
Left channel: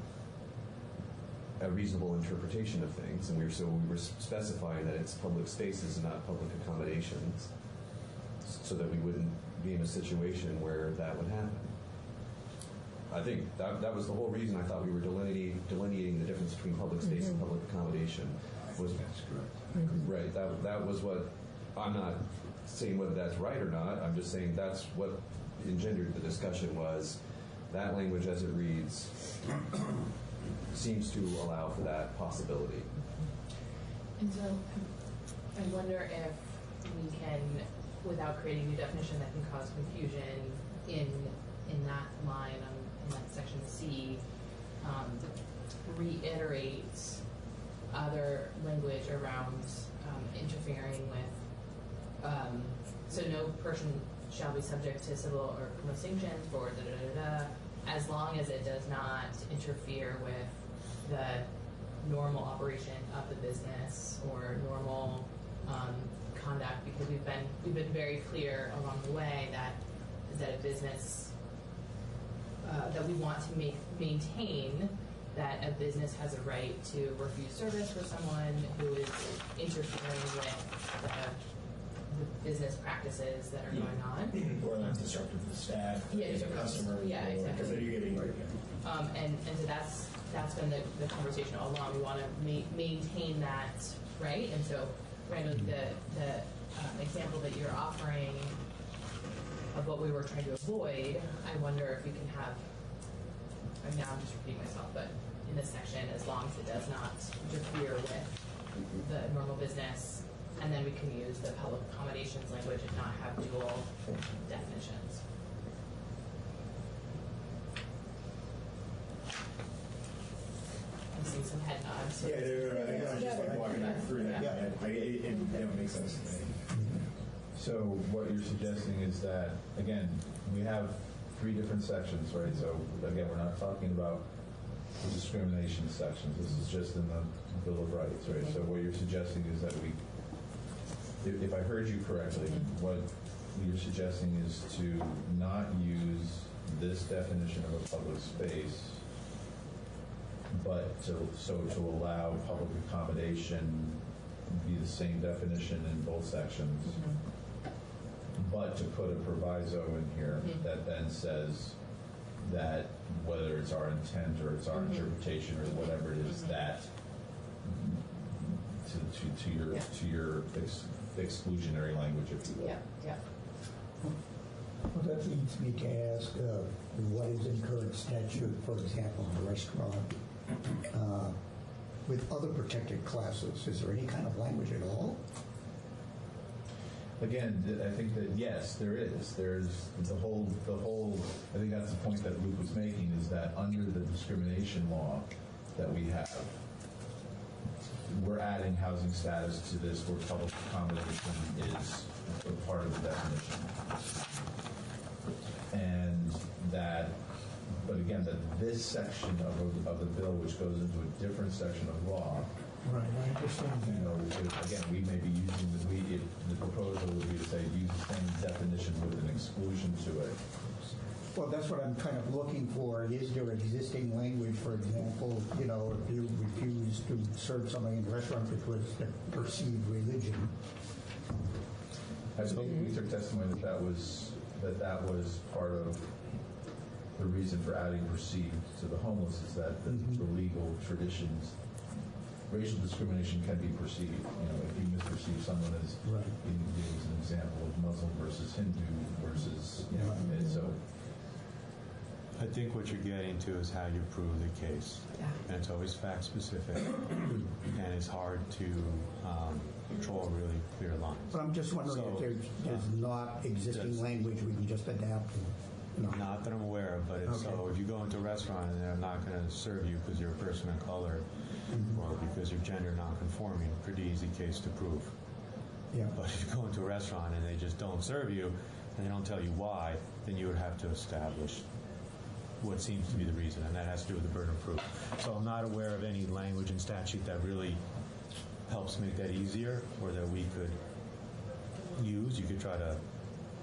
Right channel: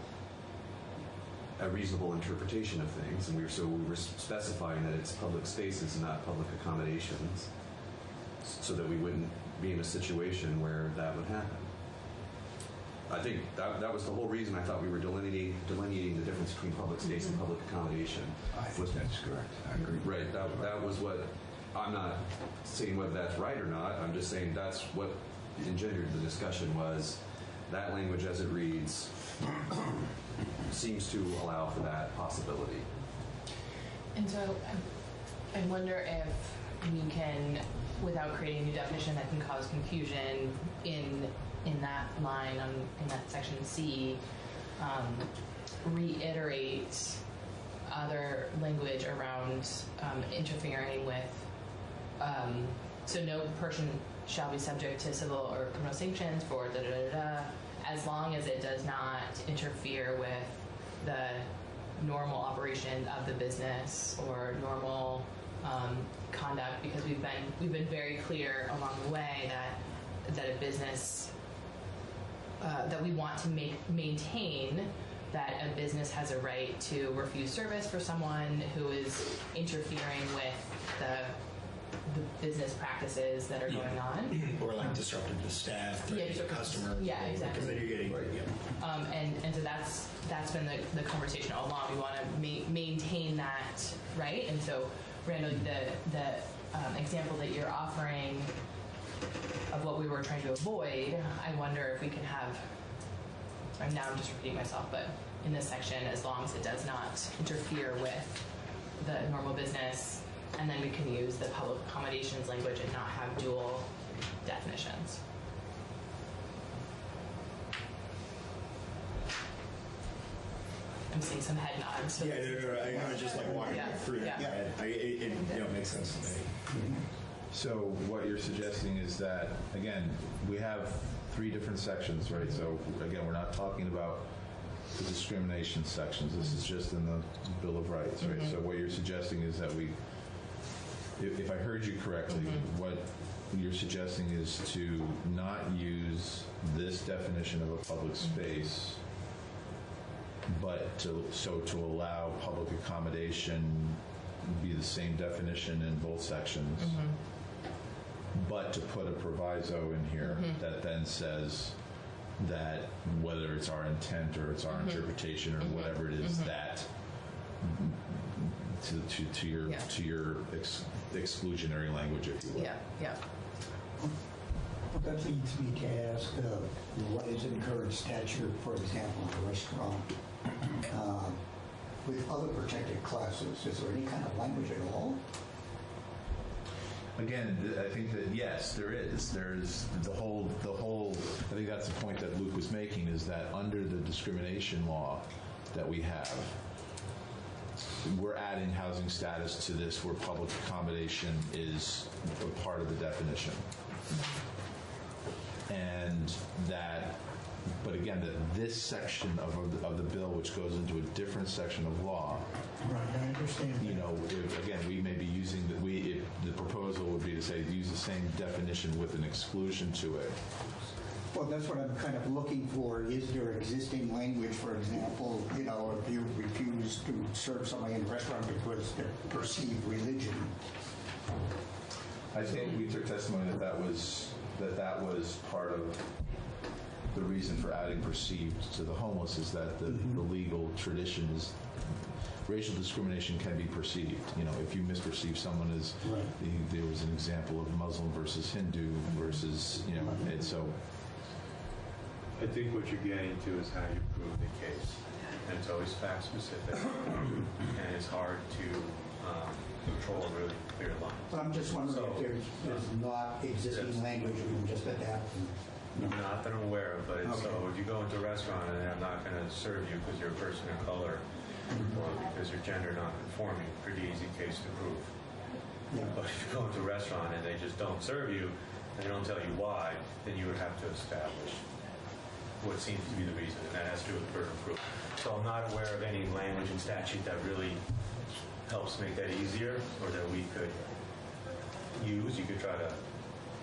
interpretation of things, and we were specifying that it's public spaces and not public accommodations, so that we wouldn't be in a situation where that would happen. I think that was the whole reason I thought we were delineating the difference between public space and public accommodation. I think that's correct. I agree. Right. That was what, I'm not saying whether that's right or not. I'm just saying that's what engendered the discussion, was that language as it reads seems to allow for that possibility. And so I wonder if we can, without creating a new definition that can cause confusion in that line, in that section C, reiterate other language around interfering with, so no person shall be subject to civil or criminal sanctions for as long as it does not interfere with the normal operation of the business or normal conduct, because we've been very clear along the way that a business that we want to maintain that a business has a right to refuse service for someone who is interfering with the business practices that are going on. Or like disruptive to staff, or to customer. Yeah, exactly. Mitigating, right, and so that's been the conversation all along. We want to maintain that, right? And so, Brandon, the example that you're offering of what we were trying to avoid, I wonder if we can have, now I'm just repeating myself, but in this section, as long as it does not interfere with the normal business, and then we can use the public accommodations language and not have dual definitions. I'm seeing some head nods. Yeah, I was just like walking through that. Yeah, it makes sense to me. So what you're suggesting is that, again, we have 3 different sections, right? So again, we're not talking about the discrimination sections. This is just in the Bill of Rights, right? So what you're suggesting is that we, if I heard you correctly, what you're suggesting is to not use this definition of a public space, but to allow public accommodation be the same definition in both sections. But to put a proviso in here that then says that whether it's our intent or it's our interpretation or whatever it is, that to your exclusionary language, if you will. Yeah. Well, that leads me to ask, what is in current statute, for example, in a restaurant, with other protected classes? Is there any kind of language at all? again, I think that yes, there is. There's the whole. I think that's the point that Luke was making, is that under the discrimination law that we have, we're adding housing status to this, where public accommodation is a part of the definition, and that. But again, this section of the bill, which goes into a different section of law. Right, I understand. You know, again, we may be using the proposal would be to say use the same definition with an exclusion to it. Well, that's what I'm kind of looking for. Is there existing language, for example, you know, if you refuse to serve somebody in a restaurant because of perceived religion? I think we took testimony that was part of the reason for adding perceived to the homeless, is that the legal traditions, racial discrimination can be perceived. You know, if you misperceive someone as, right. There was an example of Muslim versus Hindu versus, you know, and so. I think what you're getting to is how you prove the case. And it's always fact specific, and it's hard to control really clear lines. Well, I'm just wondering if there's not existing language we can just adapt. Not that I'm aware of, but Okay. so if you go into a restaurant and I'm not going to serve you because you're a person of color or because you're gender non-conforming, pretty easy case to prove. Yeah. But if you go into a restaurant and they just don't serve you and they don't tell you why, then you would have to establish what seems to be the reason, and that has to do with the burden of proof. So I'm not aware of any language in statute that really helps make that easier, or that we could use. You could try to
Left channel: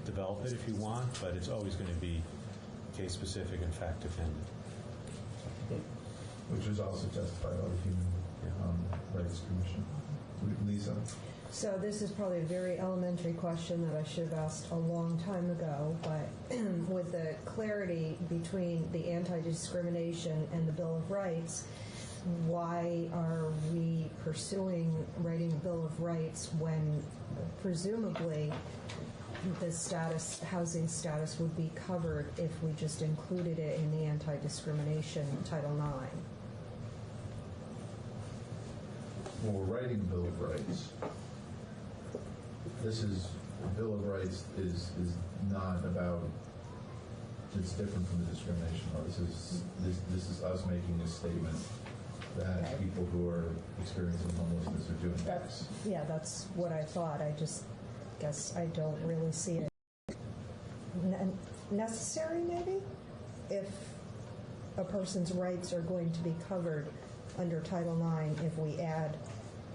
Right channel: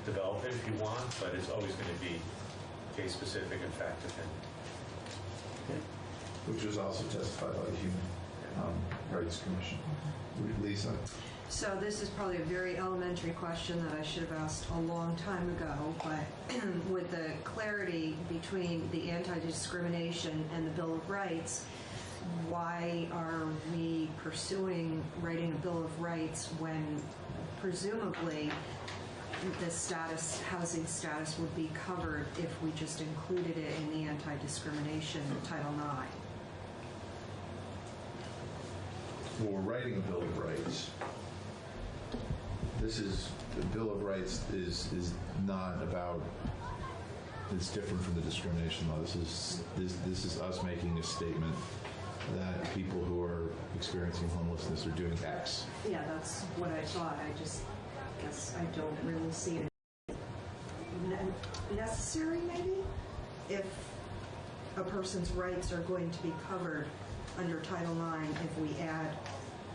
develop it if you want, but it's always going to be case specific and fact dependent. Which was also testified by the Human Rights Commission. Lisa? So this is probably a very elementary question that I should have asked a long time ago, but with the clarity between the anti-discrimination and the Bill of Rights, why are we pursuing writing a Bill of Rights when presumably the housing status would be covered if we just included it in the anti-discrimination Title IX? Well, we're writing a Bill of Rights. The Bill of Rights is not about, it's different from the discrimination law. This is us making a statement that people who are experiencing homelessness are doing X. Yeah, that's what I thought. I just guess I don't really see it necessary, maybe, if a person's rights are going to be covered under Title IX if we add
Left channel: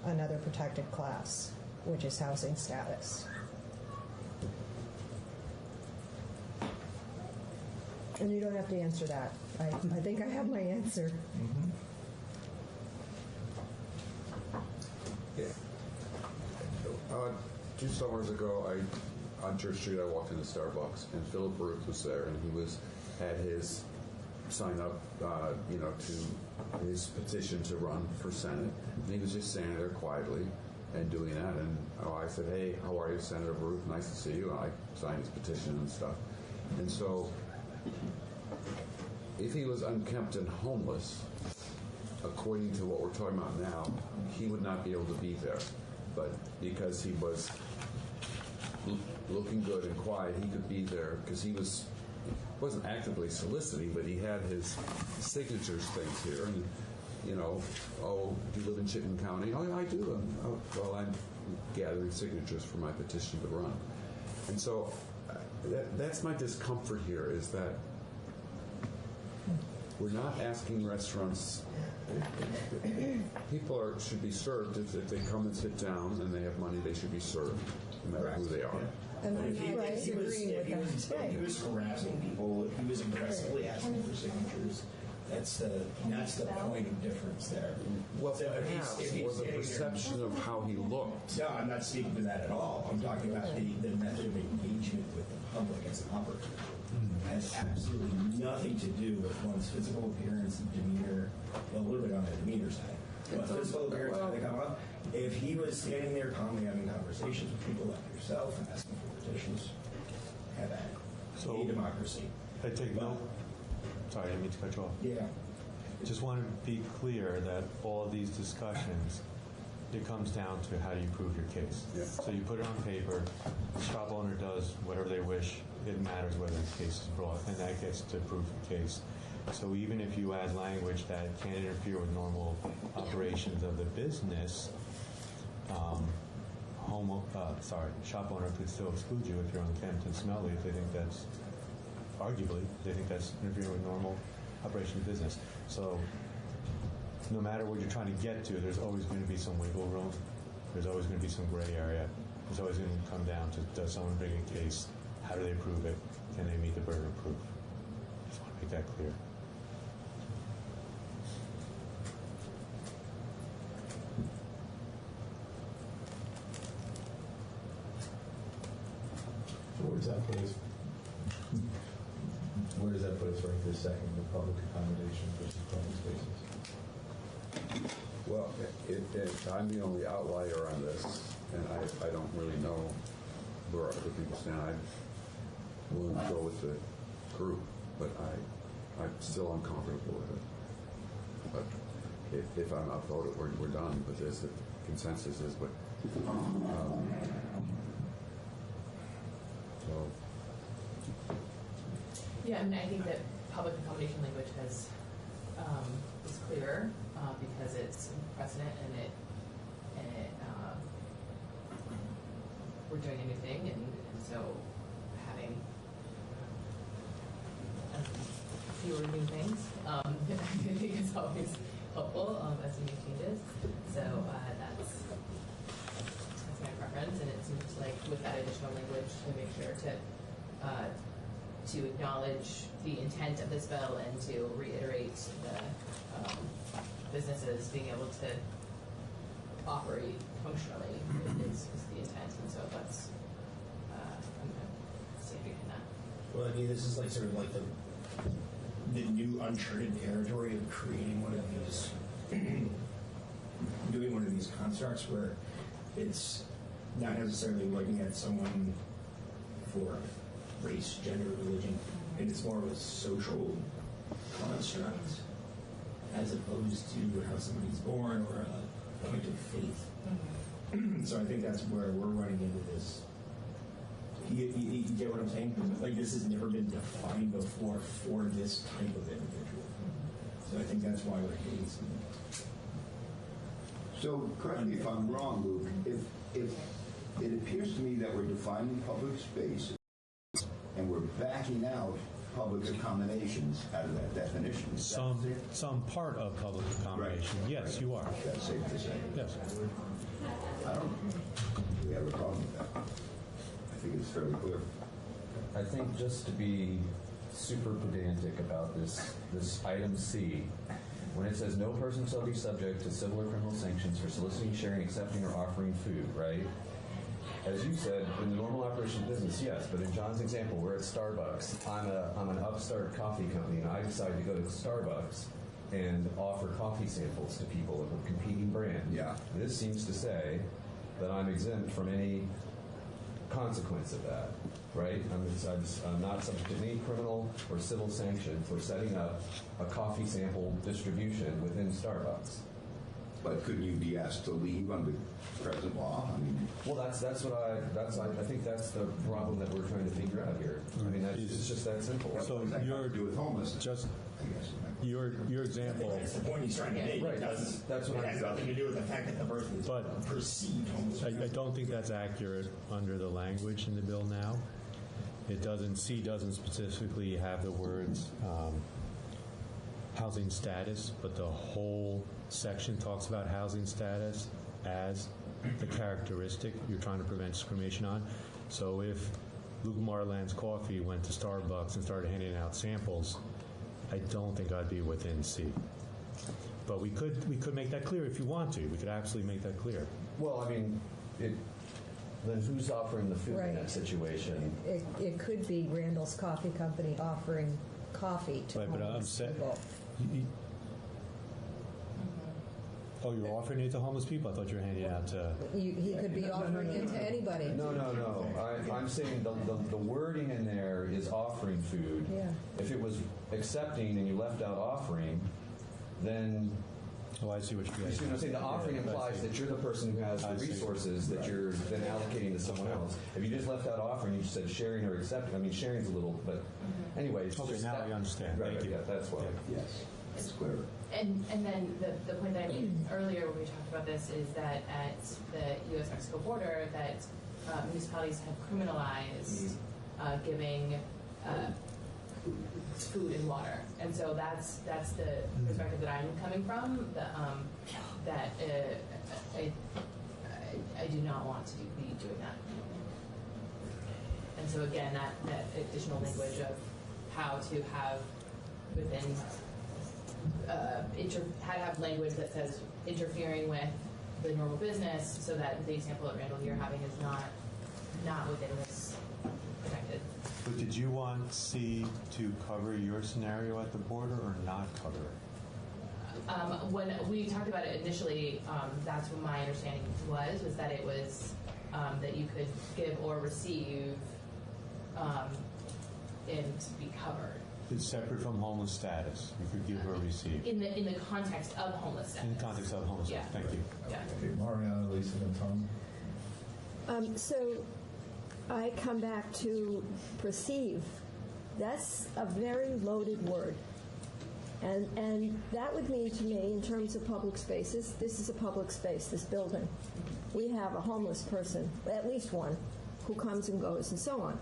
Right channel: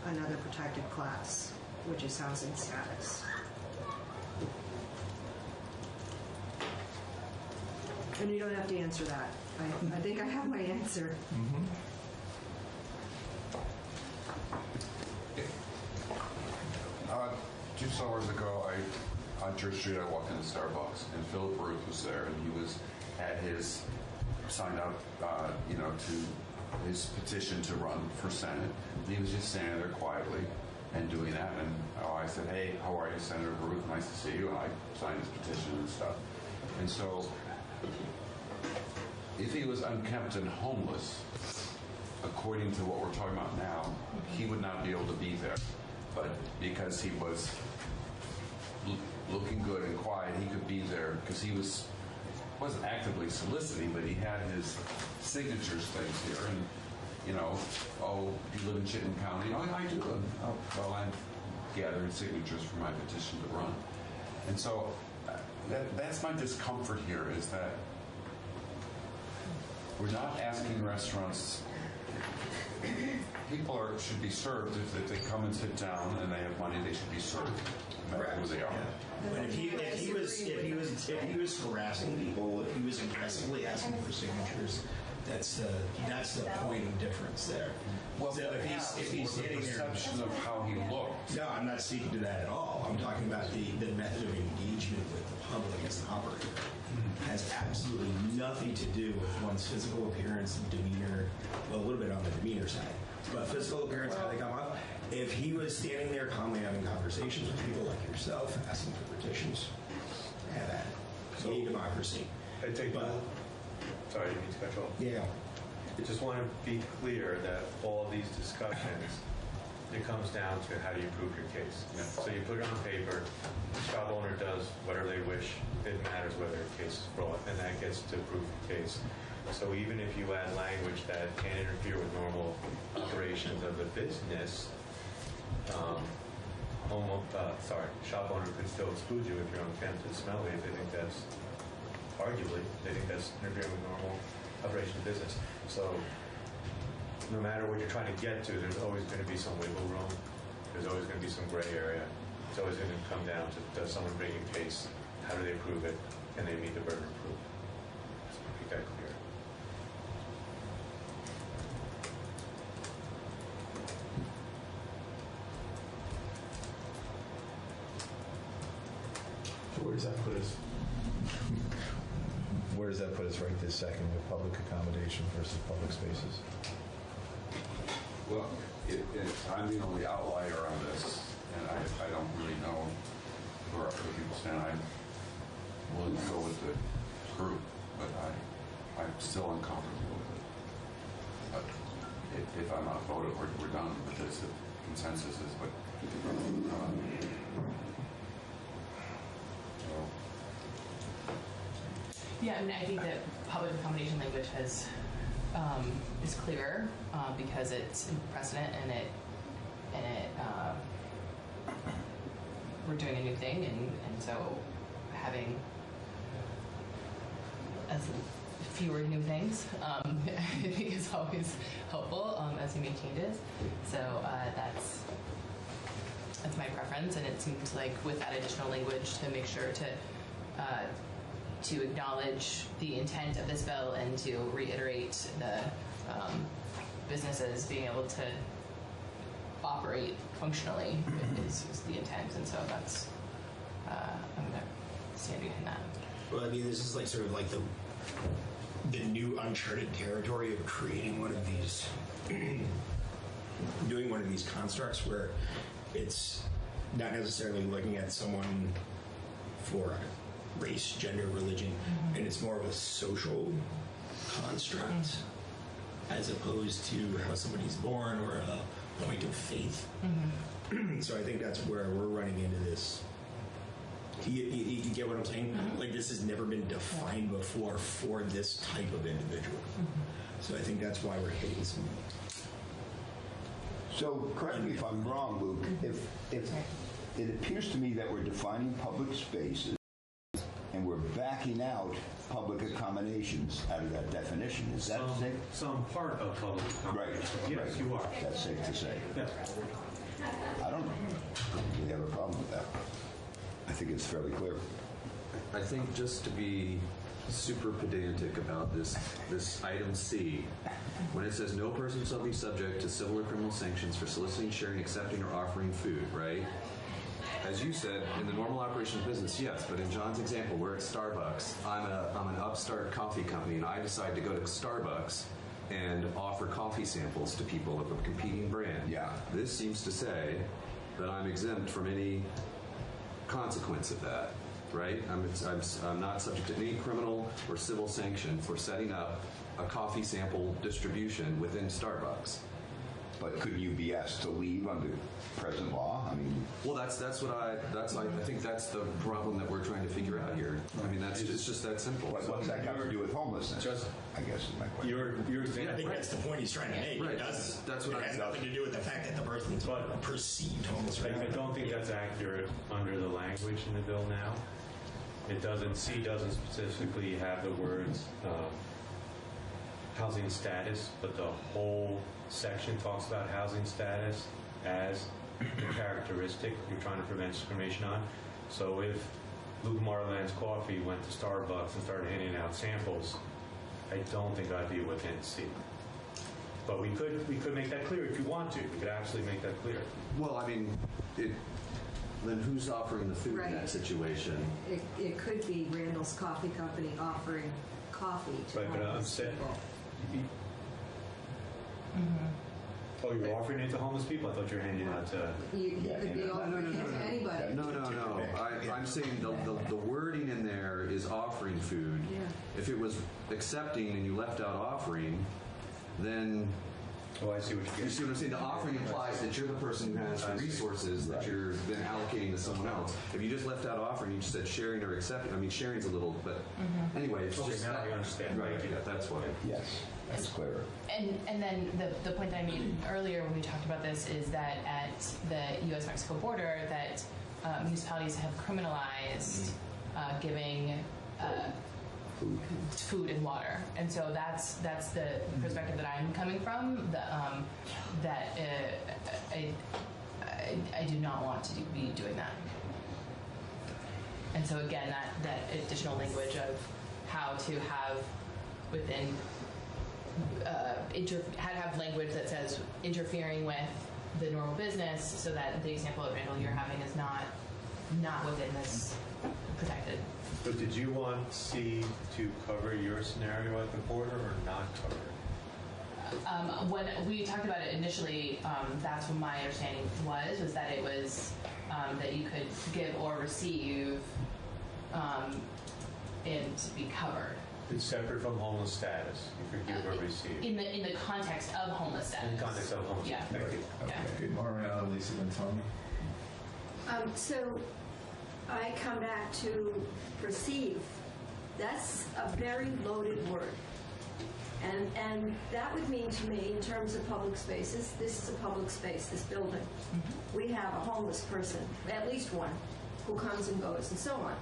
another protected class, which is housing status. And you don't have to answer that. I think I have my answer. Two summers ago, on Church Street, I walked into Starbucks, and Philip Ruth was there, and he had his sign up, to his petition to run for Senate. He was just standing there quietly and doing that, and I said, "Hey, how are you, Senator Ruth? Nice to see you." And I signed his petition and stuff. And so, if he was unkempt and homeless, according to what we're talking about now, he would not be able to be there. But because he was looking good and quiet, he could be there because he wasn't actively soliciting, but he had his signatures things here. And, oh, you live in Chittenden County? Oh, I do. I'm gathering signatures for my petition to run. And so that's my discomfort here, is that we're not asking restaurants. People should be served. If they come and sit down and they have money, they should be served, no matter who they are. Yeah. But if he was harassing people, if he was aggressively asking for signatures, that's the point of difference there. Well, so if he's standing there, perception of how he looked. No, I'm not speaking to that at all. I'm talking about the method of engagement with the public as an operator. Has absolutely nothing to do with one's physical appearance and demeanor. Well, a little bit on the demeanor side, but physical appearance, how they come up. If he was standing there calmly having conversations with people like yourself and asking for petitions, have at it. So democracy. I take sorry, I didn't mean to cut you off. Yeah. I just want to be clear that all these discussions it comes down to how you prove your case. Yeah. So you put it on paper, the shop owner does whatever they wish, it matters whether the case is brought, and that gets to prove the case. So even if you add language that can't interfere with normal operations of the business, shop owner could still exclude you if you're unfit and smelly, if they think that's, arguably, they think that's interfering with normal operation of business. So no matter what you're trying to get to, there's always going to be some wiggle room. There's always going to be some gray area. It's always going to come down to, does someone bring a case? How do they prove it? Can they meet the burden of proof? Just want to make that clear. So where does that put us? Where does that put us right this second with public accommodation versus public spaces? Well, I'm the only outlier on this, and I don't really know where other people stand. I'm willing to go with the group, but I'm still uncomfortable with it. But if I'm outvoted, we're done with this. The consensus is, but Yeah, and I think that public accommodation language is clearer because it's precedent and it we're doing a new thing, and so having fewer new things I think is always helpful as you make changes. So that's my preference, and it seems like with that additional language to make sure to acknowledge the intent of this bill and to reiterate the businesses being able to operate functionally is the intent, and so that's I'm going to stand behind that. Well, I mean, this is like sort of like the new uncharted territory of creating one of these, doing one of these constructs where it's not necessarily looking at someone for race, gender, religion, and it's more of a social construct as opposed to how somebody's born or a point of faith. So I think that's where we're running into this. You get what I'm saying? Like, this has never been defined before for this type of individual. So I think that's why we're hitting some. So correct me if I'm wrong, Luke, if it appears to me that we're defining public spaces and we're backing out public accommodations out of that definition. Is that safe? Some part of public accommodation. Right. Yes, you are. That's safe to say. Yes. I don't really have a problem with that. I think it's fairly clear. I think just to be super pedantic about this item C, when it says no person shall be subject to civil or criminal sanctions for soliciting, sharing, accepting, or offering food, right? As you said, in the normal operation of business, yes, but in John's example, we're at Starbucks. I'm an upstart coffee company, and I decide to go to Starbucks and offer coffee samples to people of a competing brand. Yeah. This seems to say that I'm exempt from any consequence of that, right? I'm not subject to any criminal or civil sanction for setting up a coffee sample distribution within Starbucks. But could you be asked to leave under present law? I mean, well, I think that's the problem that we're trying to figure out here. I mean, it's just that simple. What does that have to do with homelessness? I guess is my question. Your example. I think that's the point he's trying to make. Right. It does. That's what it has nothing to do with the fact that the person's perceived homeless. I don't think that's accurate under the language in the bill now. C doesn't specifically have the words housing status, but the whole section talks about housing status as a characteristic you're trying to prevent discrimination on. So if Luke Marland's Coffee went to Starbucks and started handing out samples, I don't think I'd be within C. But we could make that clear if you want to. We could absolutely make that clear. Well, I mean, then who's offering the food in that situation? It could be Randall's Coffee Company offering coffee to homeless people. Oh, you're offering it to homeless people? I thought you were handing it out to... You could be offering it to anybody. No. I'm saying the wording in there is offering food. Yeah. If it was accepting and you left out offering, then Oh, I see what you're You see what I'm saying? The offering Yeah, I implies see. that you're the person who has I the see. resources that you're then allocating to someone else. If you just left out offering, you just said sharing or accepting. I mean, sharing's a little, but anyway, it's Okay, just now that. we understand. Right, Thank you. yeah, that's why. Yes, that's clear. And then the point that I made earlier when we talked about this is that at the U.S.-Mexico border, that municipalities have criminalized giving food and water, and so that's the perspective that I'm coming from. That I do not want to be doing that. And so again, that additional language of how to have within have language that says interfering with the normal business, so that the example that Randall you're having is not within this protected. But did you want C to cover your scenario at the border or not cover it? When we talked about it initially, that's what my understanding was that it was that you could give or receive and be covered. It's separate from homeless status. You could give or receive. In the context of homeless status. In the context of homeless status. Thank you. Okay, Mariana, Lisa, and Tom. So I come back to perceive. That's a very loaded word. And that would mean to me, in terms of public spaces, this is a public space, this building. We have a homeless person, at least one, who comes and goes and so on.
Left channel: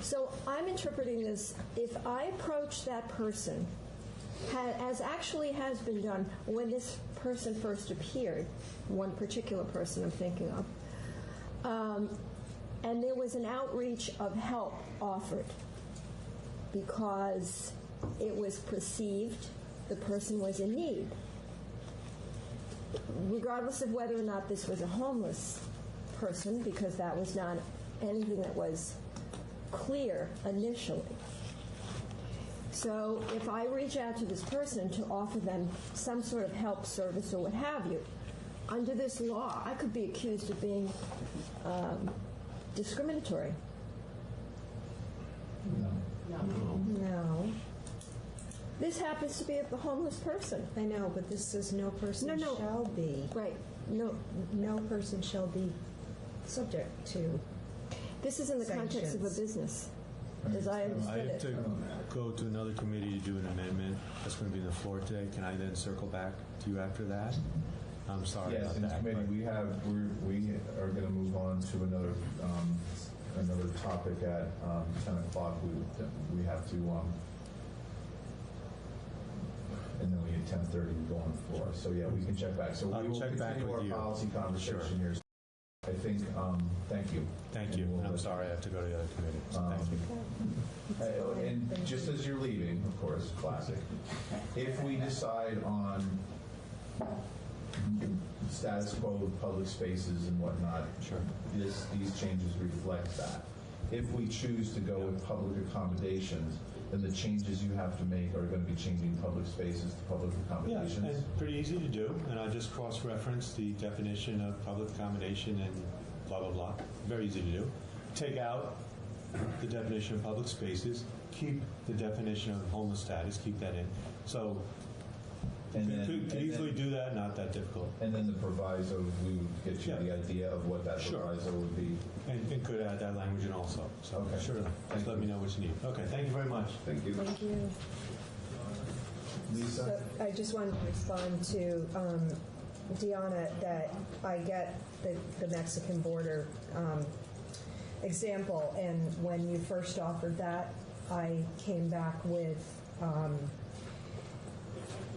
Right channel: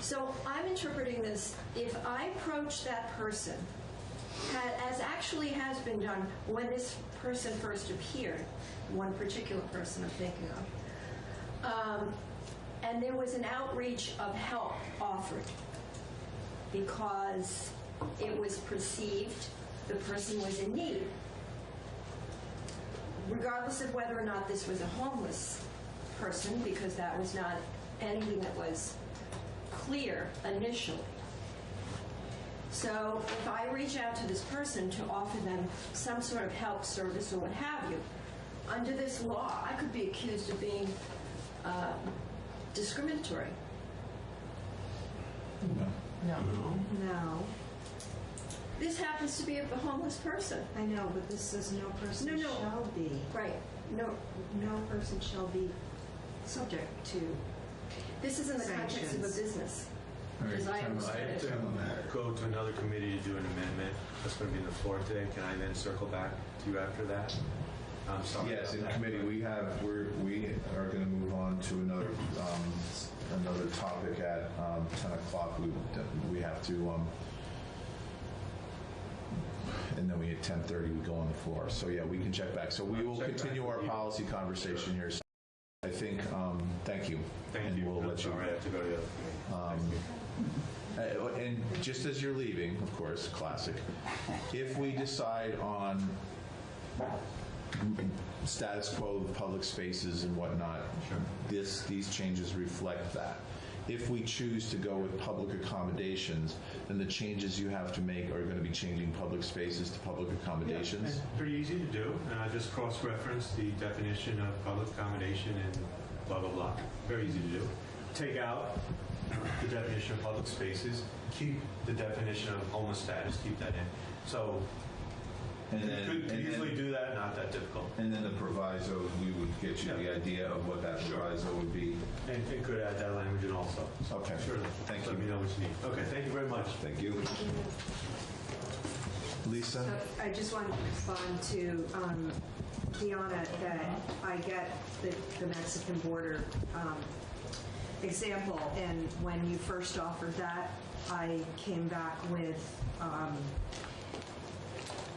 So I'm interpreting this, if I approach that person, as actually has been done when this person first appeared, one particular person I'm thinking of, and there was an outreach of help offered because it was perceived the person was in need. Regardless of whether or not this was a homeless person, because that was not anything that was clear initially. So if I reach out to this person to offer them some sort of help, service, or what have you, under this law, I could be accused of being discriminatory. No. This happens to be a homeless person. I know, but this says no person No. shall be. Right. No. No person shall be subject to. This is in the context of a business, as I understand I have it. to go to another committee to do an amendment. That's going to be on the floor today. Can I then circle back to you after that? I'm sorry. Yes, in committee, we are going to move on to another topic at 10 o'clock. We have to, and then we at 10:30 we go on the floor. So yeah, we can check back. So we will continue our policy conversation here. I think, thank you. Thank you. I'm sorry, I have to go to the other committee. Thank you. And just as you're leaving, of course, classic, if we decide on status quo of public spaces and whatnot, these changes reflect that. If we choose to go with public accommodations, then the changes you have to make are going to be changing public spaces to public accommodations. Yeah, and pretty easy to do. And I just cross-reference the definition of public accommodation and blah, blah, blah. Very easy to do. Take out the definition of public spaces, keep the definition of homeless status, keep that in. So And you then, could easily do that, not that difficult. And then the proviso, we would get you the idea of what that proviso would be. And it could add that language in also. So Okay. sure, Thank let you. me know what you need. Okay, thank you very much. Thank you. Thank you. Lisa? So I just want to respond to Deanna that I get the Mexican border example, and when you first offered that, I came back with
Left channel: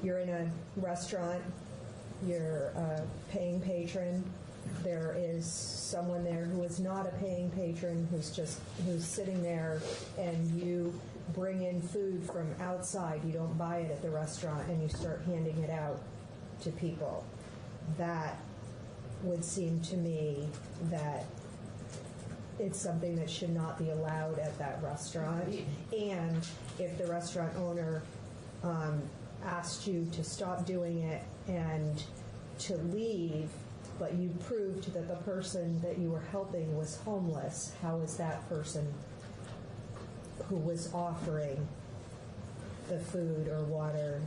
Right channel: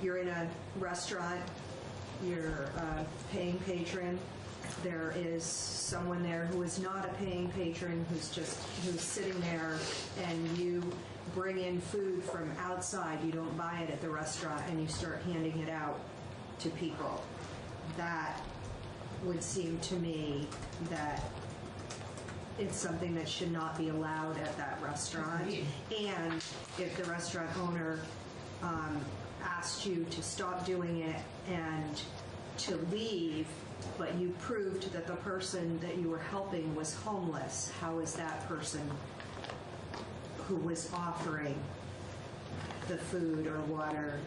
you're in a restaurant, you're a paying patron, there is someone there who is not a paying patron, who's sitting there, and you bring in food from outside, you don't buy it at the restaurant, and you start handing it out to people. That would seem to me that it's something that should not be allowed at that restaurant. And if the restaurant owner asked you to stop doing it and to leave, but you proved that the person that you were helping was homeless, how is that person who was offering the food or water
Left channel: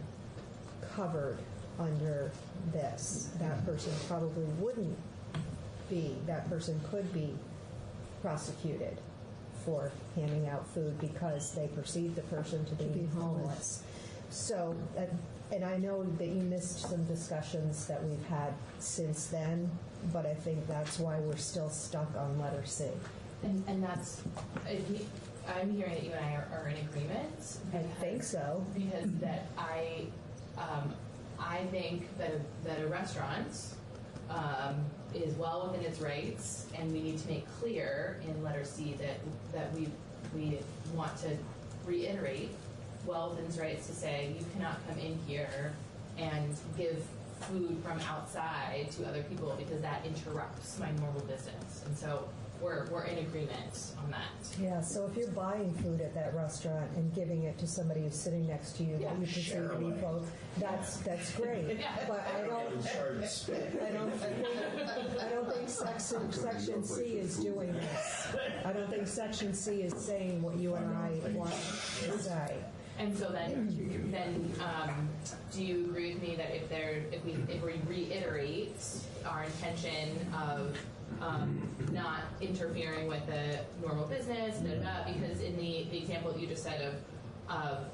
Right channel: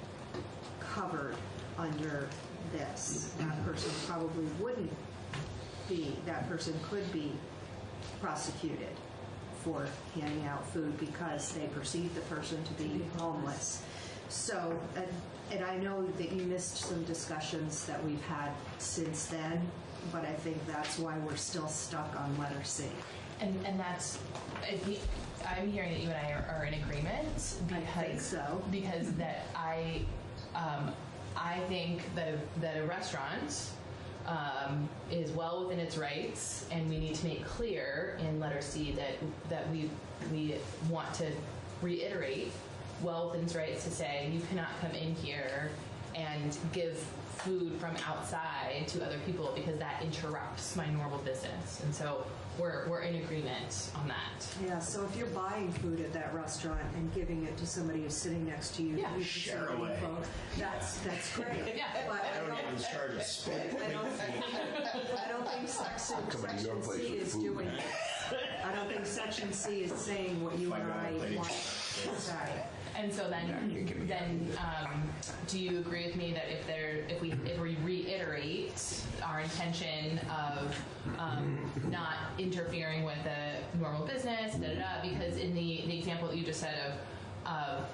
covered under this. That person probably wouldn't be, that person could be prosecuted for handing out food because they perceive the person to be homeless. So, and I know that you missed some discussions that we've had since then, but I think that's why we're still stuck on letter C. And that's, I'm hearing that you and I are in agreement. Because, I think so. Because that I think that the restaurant is well within its rights, and we need to make clear in letter C that we want to reiterate well within its rights to say you cannot come in here and give food from outside to other people because that interrupts my normal business. And so we're in agreement on that. Yeah, so if you're buying food at that restaurant and giving it to somebody who's sitting next to you, that you consider to be folk, that's great. But I don't think section C is doing this. I don't think section C is saying what you and I want to say. And so then, do you agree with me that if we reiterate our intention of not interfering with a normal business, because in the example that you just said of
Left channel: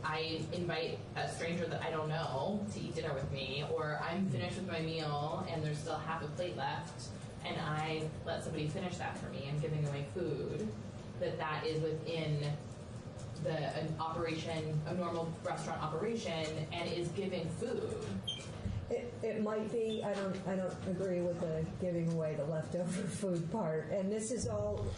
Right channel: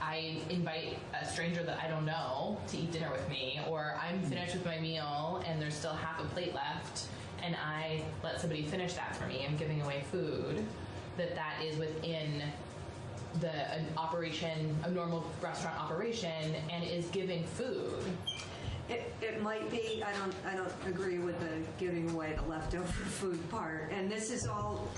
I invite a stranger that I don't know to eat dinner with me, or I'm finished with my meal and there's still half a plate left, and I let somebody finish that for me, I'm giving away food, that is within an operation, a normal restaurant operation, and is giving food. It might be. I don't agree with the giving away the leftover food part. And this is all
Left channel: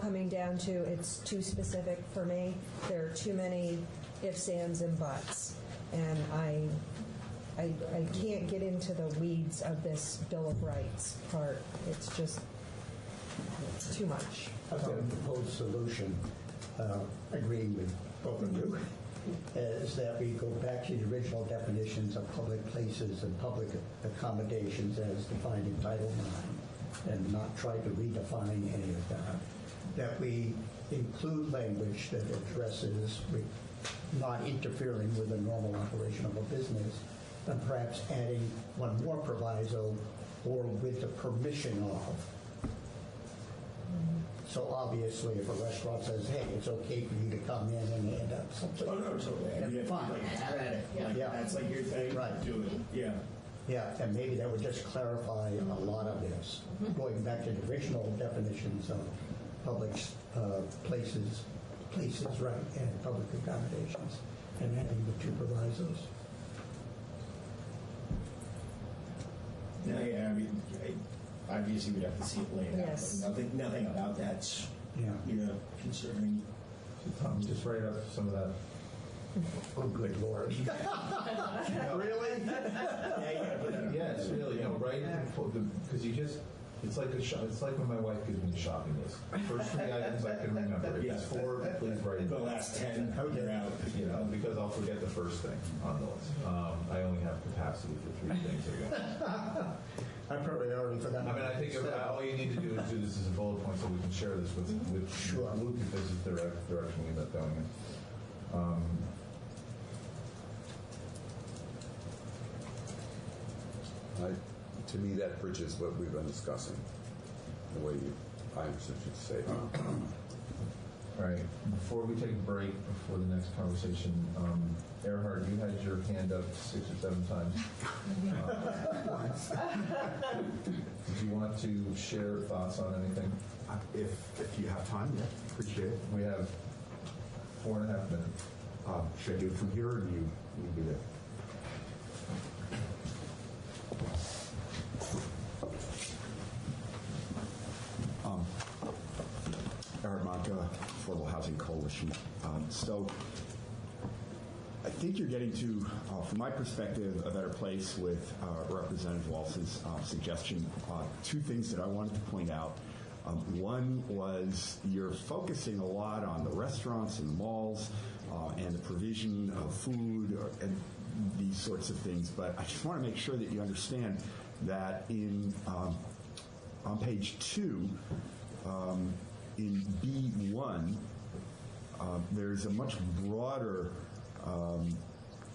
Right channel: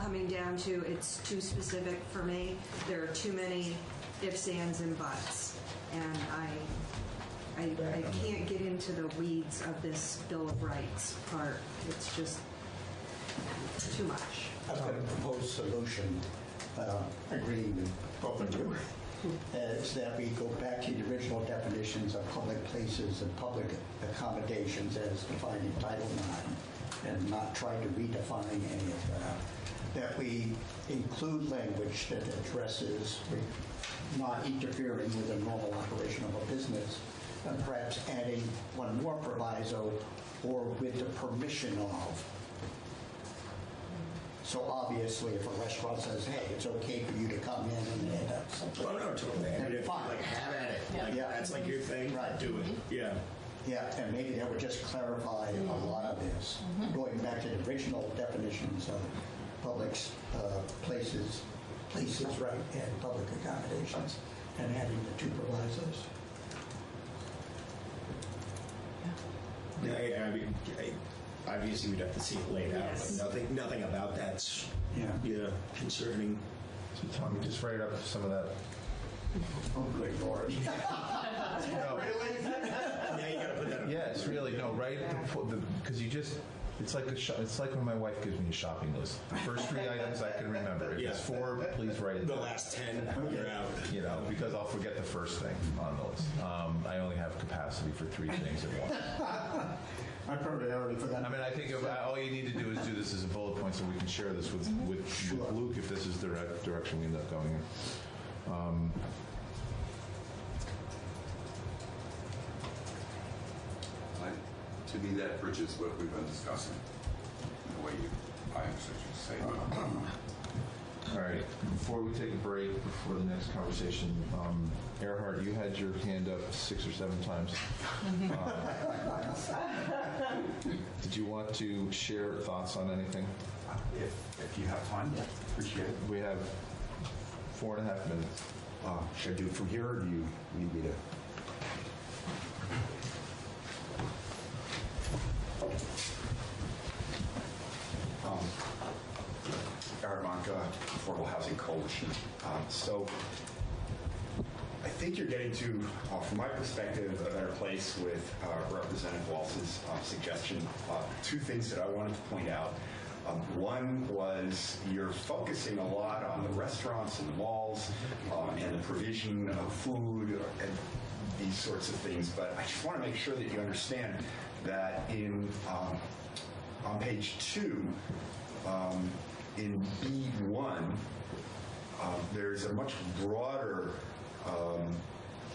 coming down to it's too specific for me. There are too many ifs, ands, and buts, and I can't get into the weeds of this Bill of Rights part. It's just too much. The proposed solution, agreeing with both of you, is that we go back to the original definitions of public places and public accommodations as defined in Title IX, and not try to redefine any of that. That we include language that addresses not interfering with the normal operation of a business, and perhaps adding one more proviso, or with the permission of. So obviously, if a restaurant says, "Hey, it's okay for you to come in and have something," totally. Fine, like, have at it. Yeah. That's like your thing. Right. Do it. Yeah. Yeah, and maybe that would just clarify a lot of this, going back to the original definitions of public places, right, and public accommodations, and adding the two provisos. Yeah, I mean, obviously we'd have to see it laid out, Yes. but nothing about that's Yeah. concerning. So Tommy, just write out some of that. Oh, good Lord. Really? Yeah, you gotta put that on. Yeah, it's really, no, right? Because you just, it's like when my wife gives me a shopping list. The first 3 items I can remember. If it's 4, please write it The down. last 10, you're out. You know, because I'll forget the first thing on the list. I only have capacity for 3 things at once. I probably already forgot. I mean, I think all you need to do is do this as a bullet point so we can share this with Luke if this is the direction we end up going in. To me, that bridges what we've been discussing, the way I should just say it. All right, before we take a break, before the next conversation, Earhart, you had your hand up 6 or 7 times. Did you want to share thoughts on anything? If you have time, yeah, appreciate it. We have 4.5 minutes. Should I do it from here, or do you need me to? Earhart Monka, Affordable Housing Coalition. So I think you're getting to, from my perspective, a better place with Representative Waltz's suggestion. 2 things that I wanted to point out. One was you're focusing a lot on the restaurants and the malls and the provision of food and these sorts of things, but I just want to make sure that you understand that on page 2, in B1, there's a much broader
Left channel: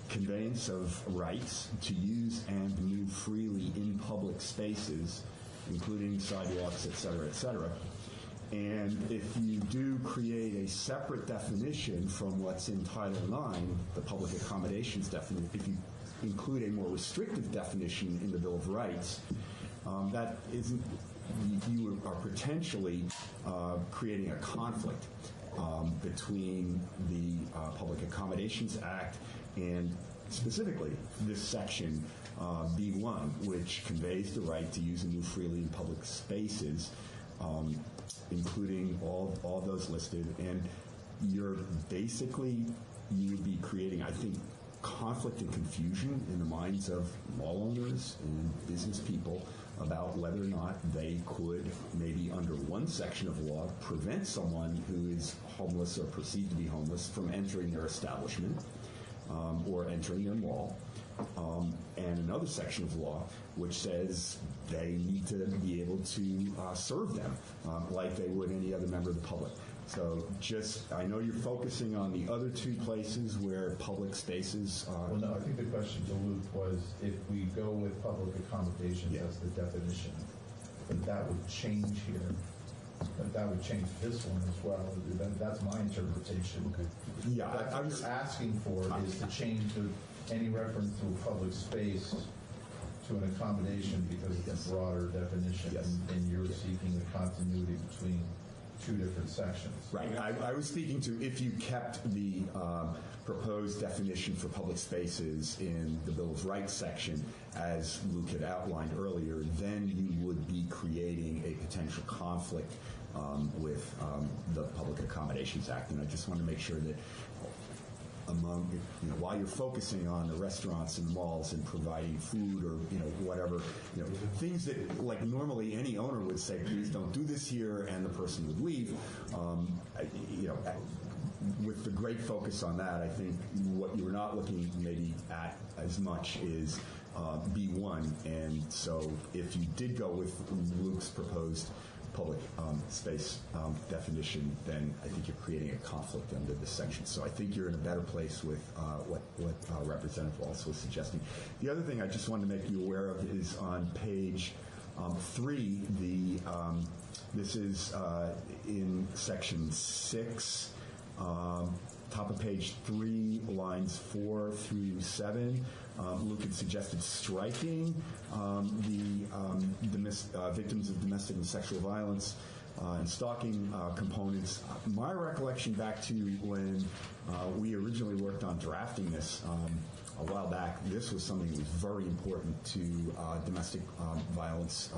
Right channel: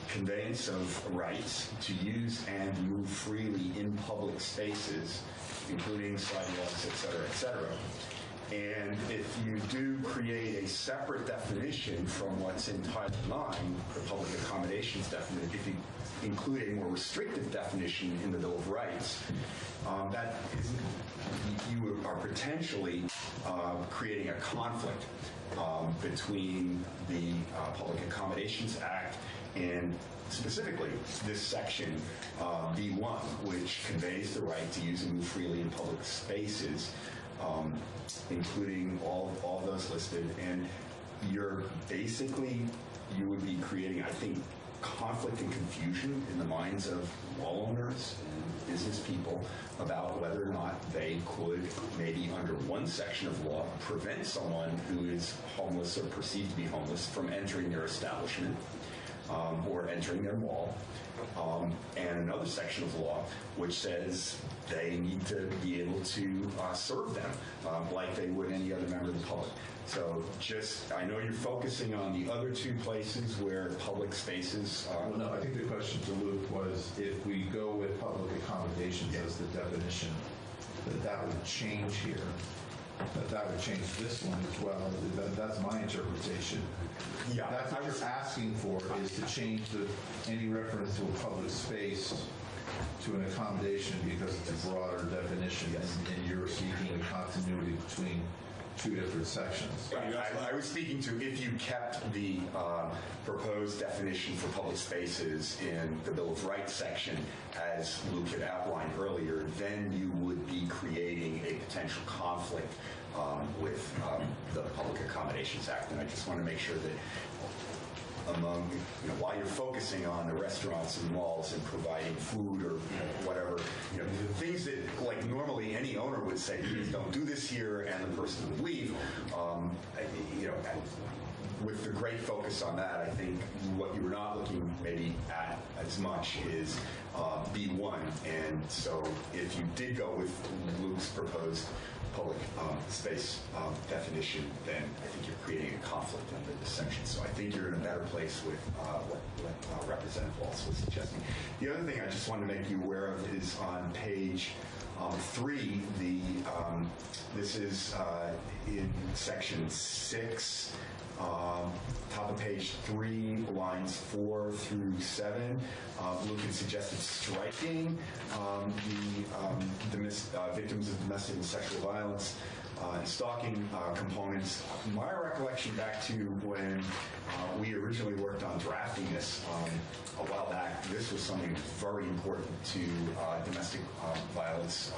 conveyance of rights to use and move freely in public spaces, including sidewalks, et cetera, et cetera. And if you do create a separate definition from what's in Title IX, the public accommodations definition, if you include a more restrictive definition in the Bill of Rights, that isn't, you are potentially creating a conflict between the Public Accommodations Act and specifically this section B1, which conveys the right to use and move freely in public spaces, including all those listed. And you're basically, you would be creating, I think, conflict and confusion in the minds of mall owners and business people about whether or not they could, maybe under one section of law, prevent someone who is homeless or perceived to be homeless from entering their establishment or entering their mall, and another section of law which says they need to be able to serve them like they would any other member of the public. So just, I know you're focusing on the other two places where public spaces are. Well, no, I think the question to Luke was if we go with public accommodations as the definition, that would change here. That would change this one as well. That's my interpretation. Yeah, that's what you're asking for is to change any reference to a public space to an accommodation because it's a broader definition, and you're seeking a continuity between two different sections. I was speaking to if you kept the proposed definition for public spaces in the Bill of Rights section, as Luke had outlined earlier, then you would be creating a potential conflict with the Public Accommodations Act. And I just want to make sure that among, while you're focusing on the restaurants and malls and providing food or, whatever, things that like normally any owner would say, please don't do this here, and the person would leave, with the great focus on that, I think what you're not looking maybe at as much is B1. And so if you did go with Luke's proposed public space definition, then I think you're creating a conflict under this section. So I think you're in a better place with what Representative Waltz was suggesting. The other thing I just want to make you aware of is on page 3, this is in section 6, top of page 3, lines 4 through 7. Luke had suggested striking the victims of domestic and sexual violence and stalking components. My recollection back to when we originally worked on drafting this a while back, this was something that was very important to domestic violence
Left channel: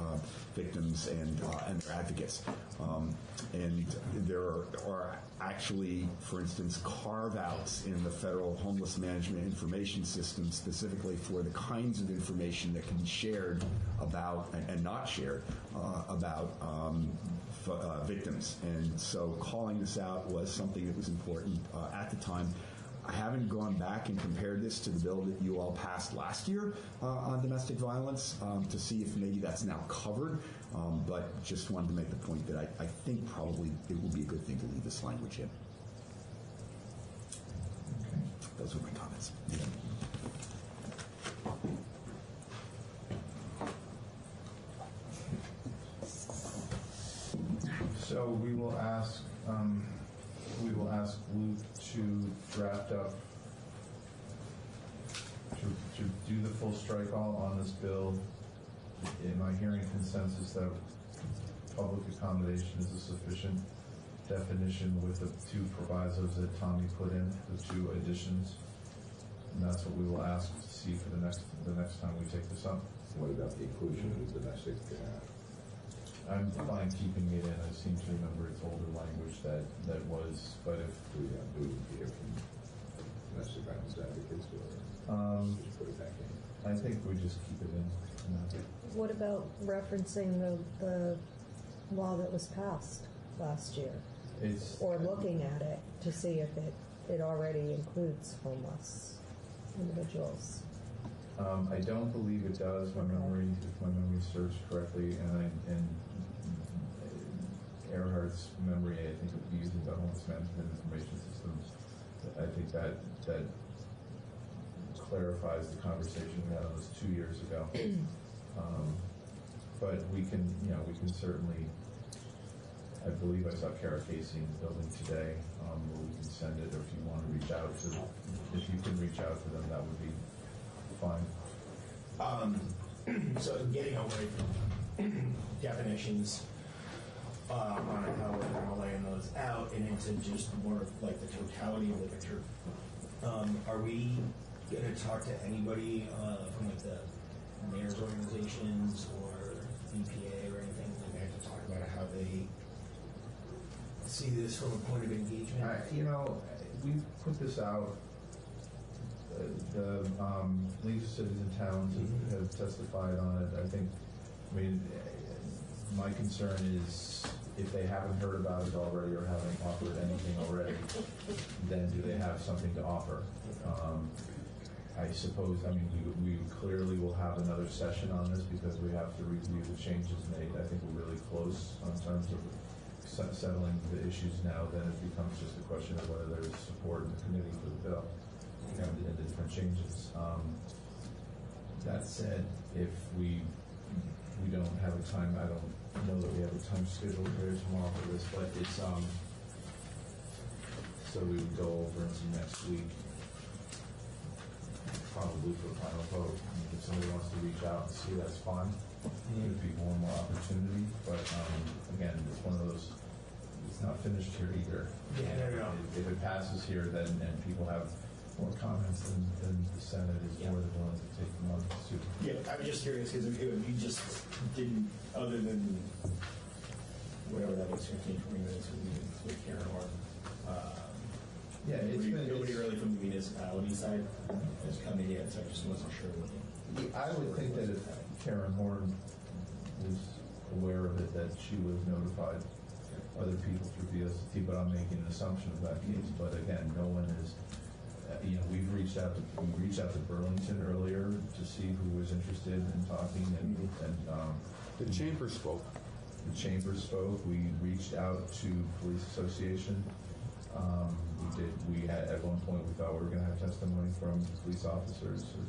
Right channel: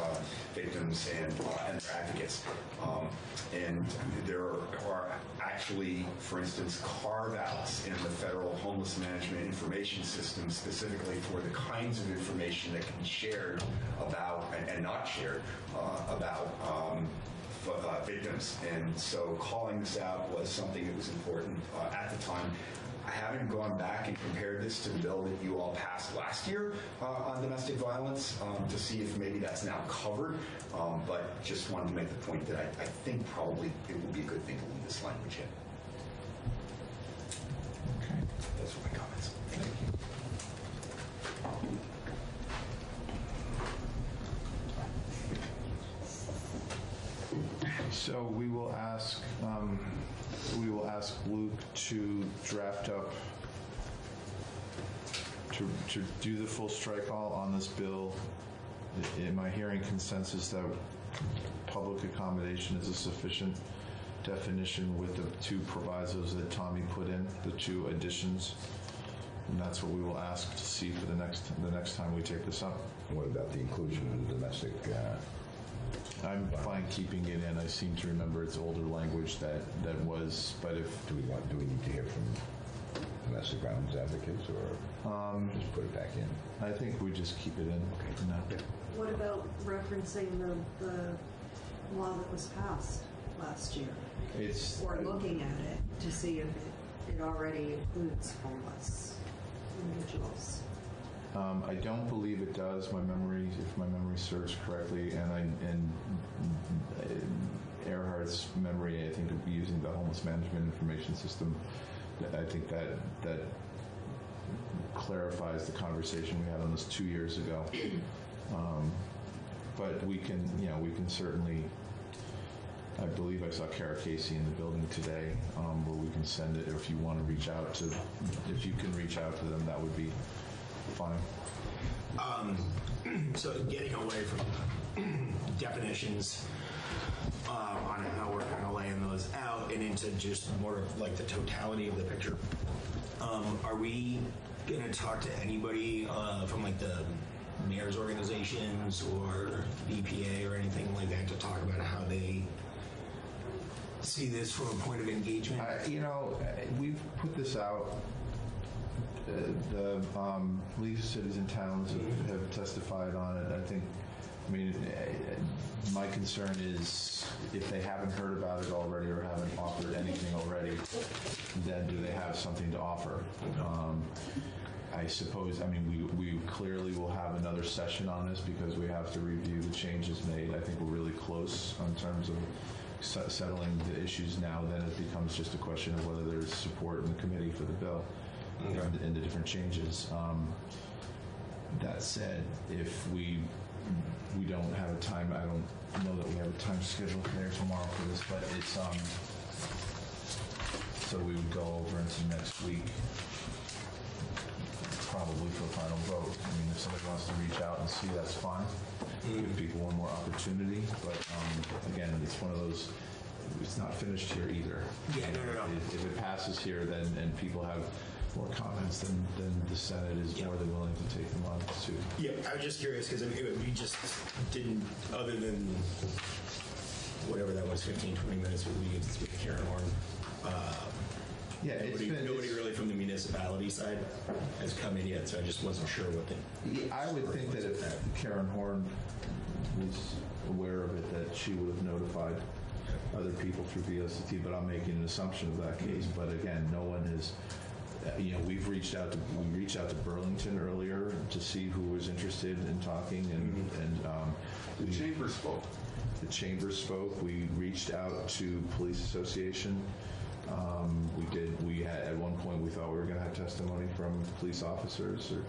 victims and their advocates. And there are actually, for instance, carve-outs in the Federal Homeless Management Information System specifically for the kinds of information that can be shared about and not shared about victims. And so calling this out was something that was important at the time. I haven't gone back and compared this to the bill that you all passed last year on domestic violence to see if maybe that's now covered, but just wanted to make the point that I think probably it would be a good thing to leave this language in. Okay. Those are my comments. Thank you. So we will ask Luke to draft up, to do the full strike all on this bill. Am I hearing consensus that public accommodation is a sufficient definition with the two provisos that Tommy put in, the two additions? And that's what we will ask to see for the next time we take this up. What about the inclusion of the domestic? I'm fine keeping it in. I seem to remember it's older language that was, but if... Do we need to hear from domestic violence advocates or just put it back in? I think we just keep it in. Okay. No. What about referencing the law that was passed last year? Or looking at it to see if it already includes homeless individuals? I don't believe it does. If my memory serves correctly, and Earhart's memory, I think, of using the Homeless Management Information System, I think that clarifies the conversation we had on this 2 years ago. But we can, we can certainly, I believe I saw Kara Casey in the building today, where we can send it, or if you want to reach out to, if you can reach out to them, that would be fine. So getting away from definitions on how we're going to lay those out and into just more of like the totality of the picture, are we going to talk to anybody from like the mayor's organizations or the EPA or anything like that to talk about how they see this from a point of engagement? We've put this out. The League of Cities and Towns have testified on it. My concern is if they haven't heard about it already or haven't offered anything already, then do they have something to offer? I suppose, we clearly will have another session on this because we have to review the changes made. I think we're really close in terms of settling the issues now. Then it becomes just a question of whether there's support in the committee for the bill and the different changes. That said, if we don't have a time, I don't know that we have a time scheduled today or tomorrow for this, but it's so we would go over into next week, probably for final vote. If somebody wants to reach out and see, that's fine. Give people one more opportunity, but again, it's one of those. It's not finished here either. Yeah, no. If it passes here, then and people have more comments, then the Senate is more than willing to take them on too. Yeah, I'm just curious because we just didn't, other than whatever that was, 15, 20 minutes with me with Karen Horn. Nobody really from the municipality side has come in yet, so I just wasn't sure what they. I would think that if Karen Horn was aware of it, that she would have notified other people through VST, but I'm making an assumption of that case. But again, no one is. We reached out to Burlington earlier to see who was interested in talking, and the chamber spoke. The chamber spoke. We reached out to Police Association. We had at one point we thought we were going to have testimony from police officers or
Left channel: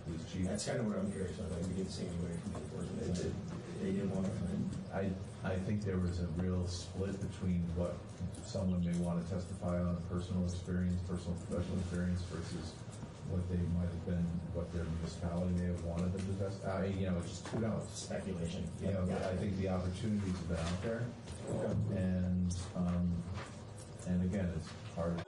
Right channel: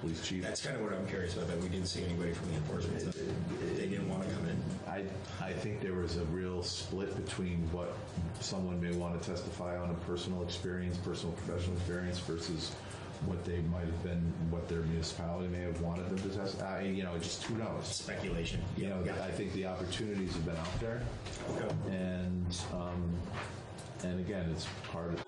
police chief. That's kind of what I'm curious about. That we didn't see anybody from the enforcement. They didn't want to come in. I think there was a real split between what someone may want to testify on a personal experience, personal professional experience, versus what they might have been, what their municipality may have wanted them to testify. Just who knows? Speculation. I think the opportunities have been out there, and again, it's part of.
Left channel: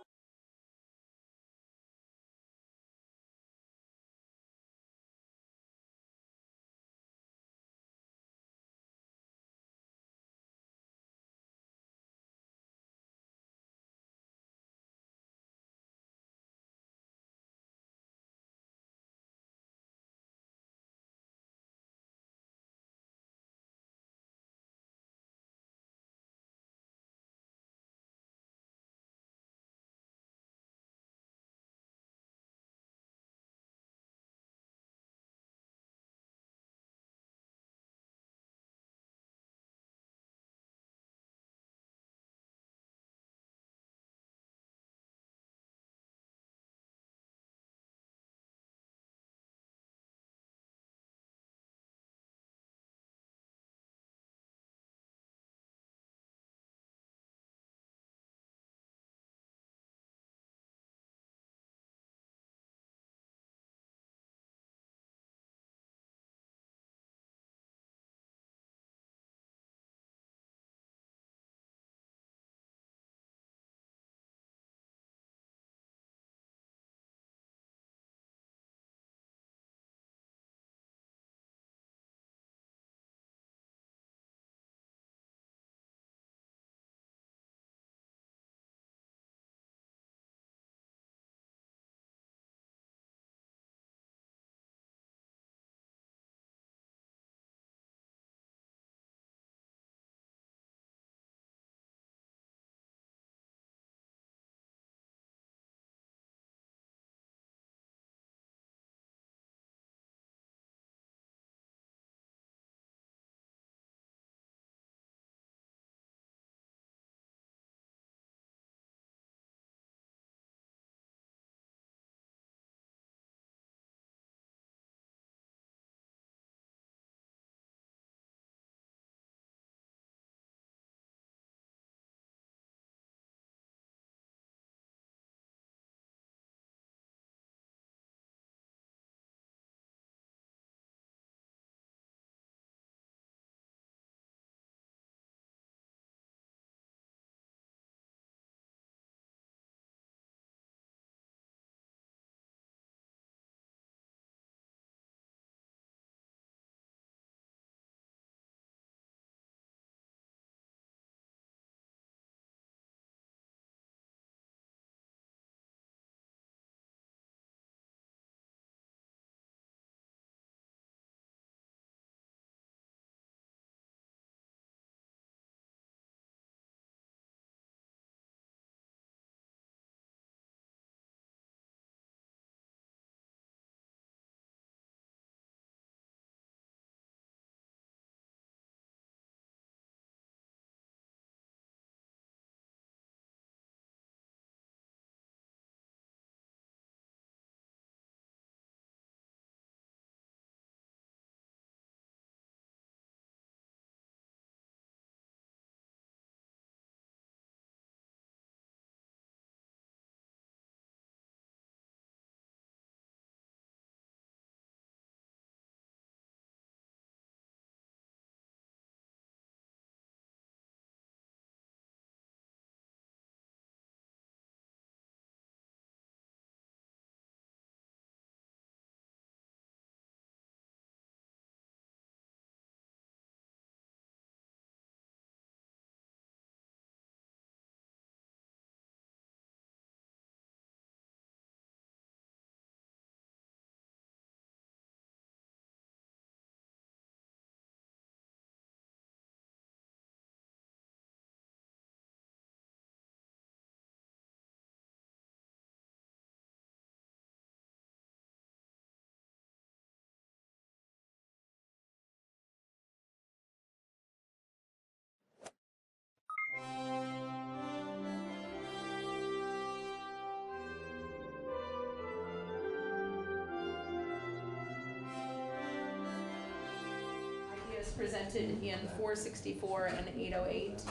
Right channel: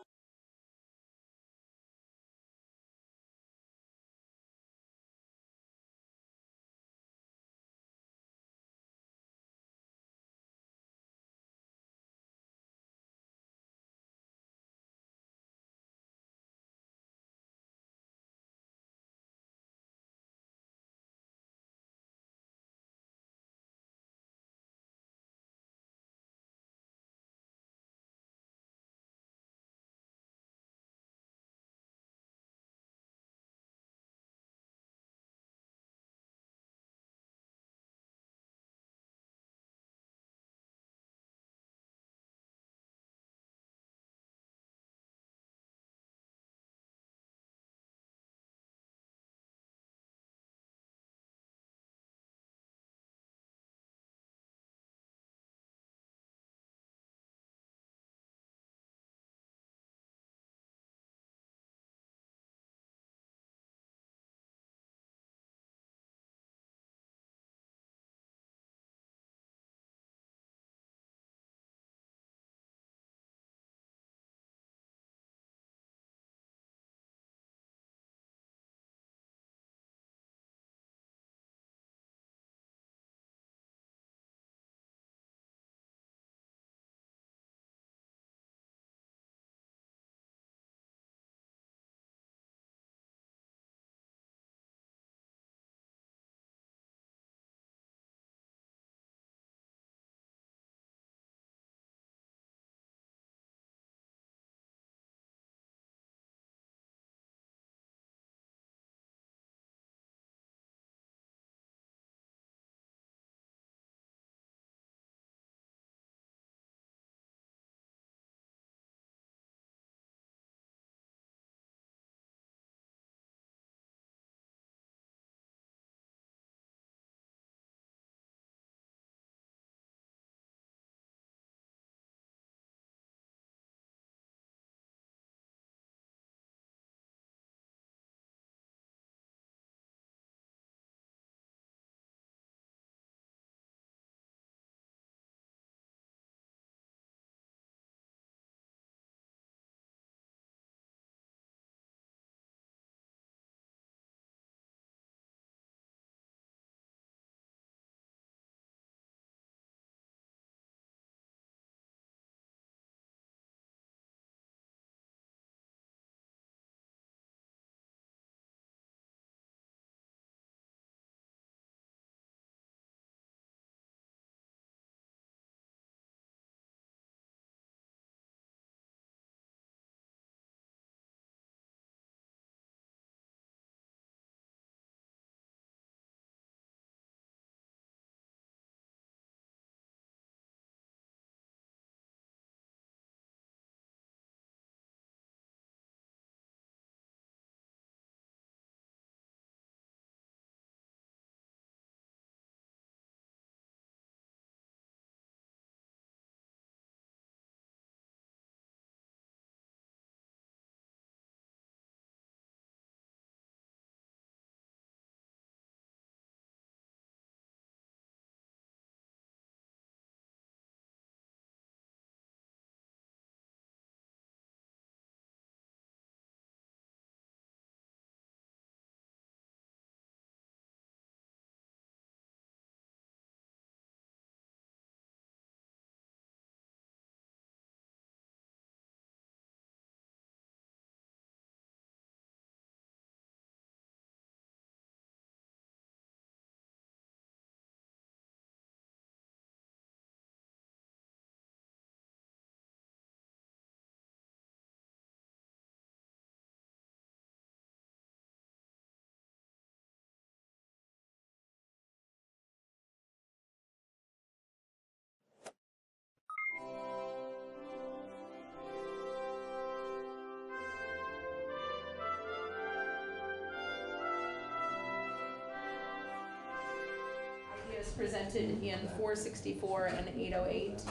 presented in 464 and 808.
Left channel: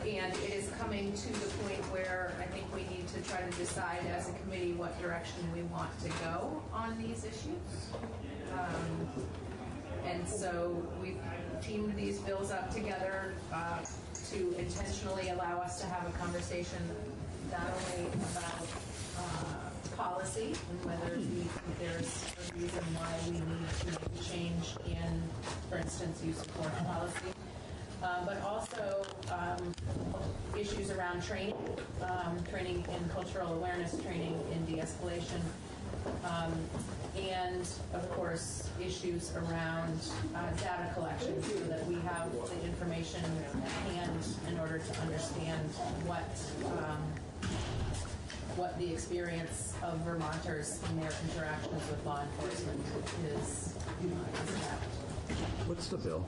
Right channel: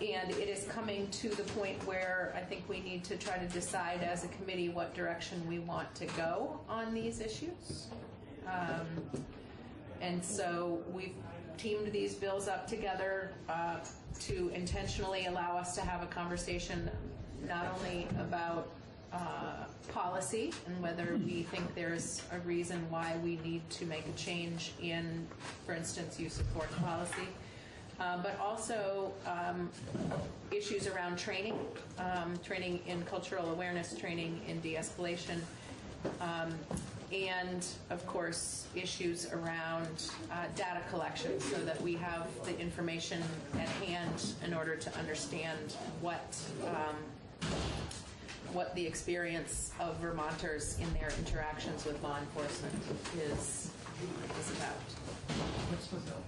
And it is coming to the point where I think we need to try to decide as a committee what direction we want to go on these issues. And so we've teamed these bills up together to intentionally allow us to have a conversation not only about policy and whether we think there's a reason why we need to make a change in, for instance, use of force policy, but also issues around training, training in cultural awareness, training in de-escalation, and of course issues around data collection so that we have the information at hand in order to understand what the experience of Vermonters in their interactions with law enforcement is about. What's the bill?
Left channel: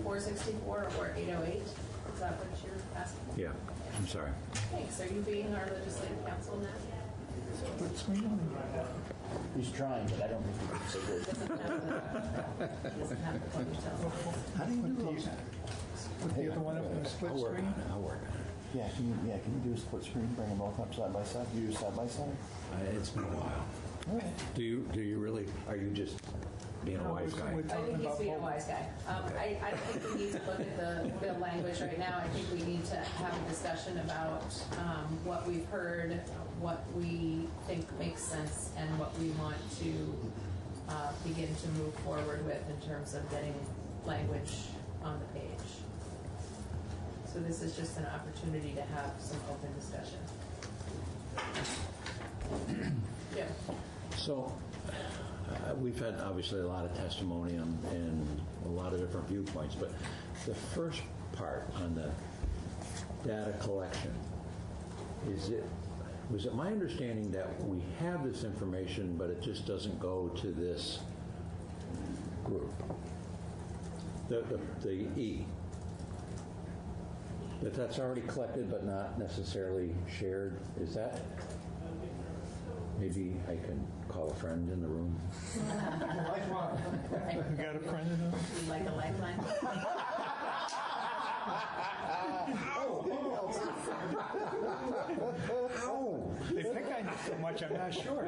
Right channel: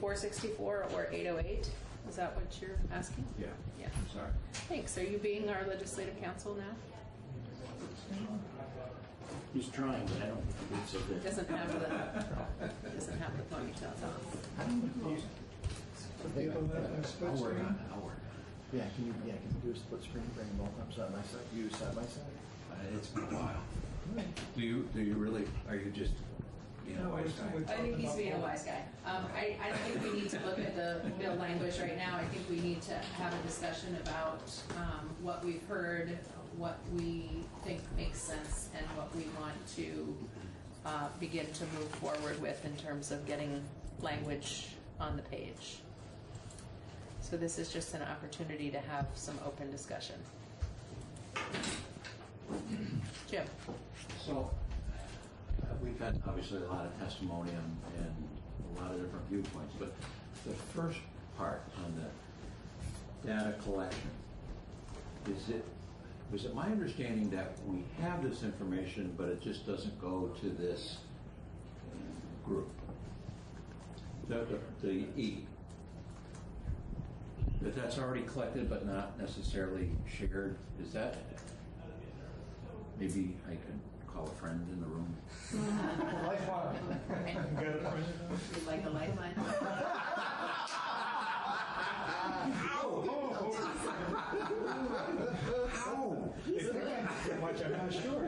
464 or 808? Is that what you're asking? Yeah. I'm sorry. Thanks. Are you being our legislative counsel now? He's trying, but I don't think he can say good. Doesn't have to plug yourself off. How do you do that? I'll work on it. Yeah, can you do a split screen, bring them both up side by side, use side by side? It's been a while. Do you really, are you just being a wise guy? I think he's being a wise guy. I don't think we need to look at the bill language right now. I think we need to have a discussion about what we've heard, what we think makes sense, and what we want to begin to move forward with in terms of getting language on the page. So this is just an opportunity to have some open discussion. Jim. So we've had obviously a lot of testimony and a lot of different viewpoints, but the first part on the data collection, was it my understanding that we have this information, but it just doesn't go to this group? The E. That's already collected but not necessarily shared. Is that, maybe I can call a friend in the room? Lifeline. You got a friend in the room? You like a lifeline? How? They think I know so much, I'm not sure.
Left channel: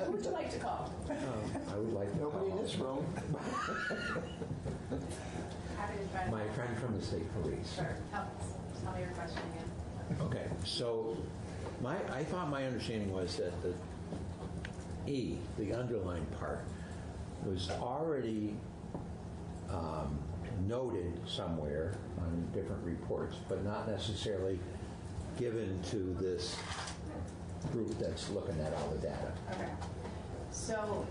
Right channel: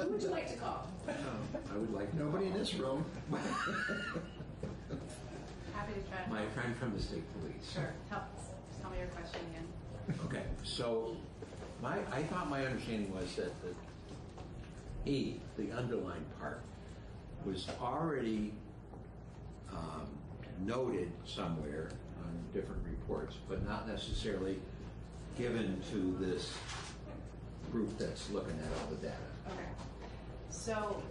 Who would you like to call? I would like to. Nobody in this room. My friend from the state police. Sure. Tell me your question again. Okay, so I thought my understanding was that the E, the underlined part, was already noted somewhere on different reports, but not necessarily given to this group that's looking at all the data. Okay. So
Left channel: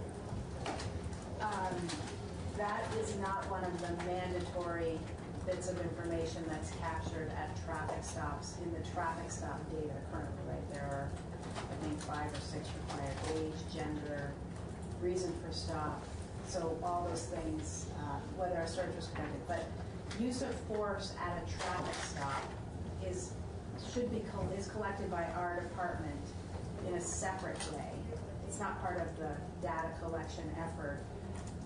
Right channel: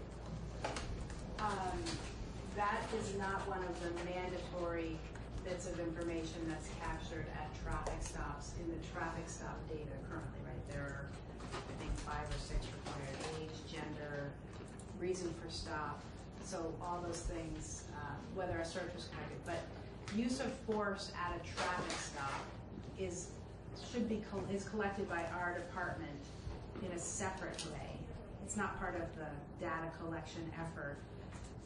that is not one of the mandatory bits of information that's captured at traffic stops in the traffic stop data currently, right? There are, I think, 5 or 6 required: age, gender, reason for stop. So all those things, whether a search was conducted, but use of force at a traffic stop is collected by our department in a separate way. It's not part of the data collection effort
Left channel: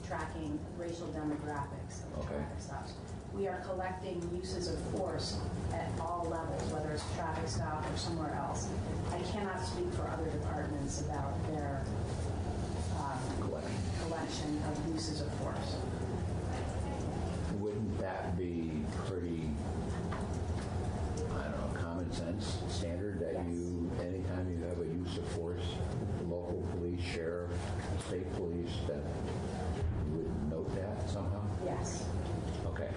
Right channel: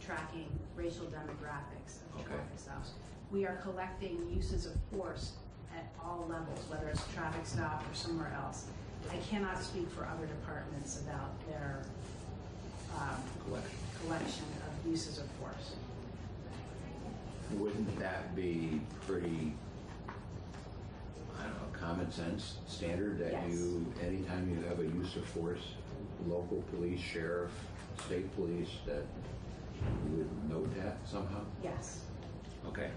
tracking racial demographics of traffic stops. We are collecting uses of force at all levels, whether it's a traffic stop or somewhere else. I cannot speak for other departments about their collection of uses of force. Wouldn't that be pretty, I don't know, common sense standard that you, anytime you have a use of force, local police, sheriff, state police, that you would note that somehow? Yes. Okay.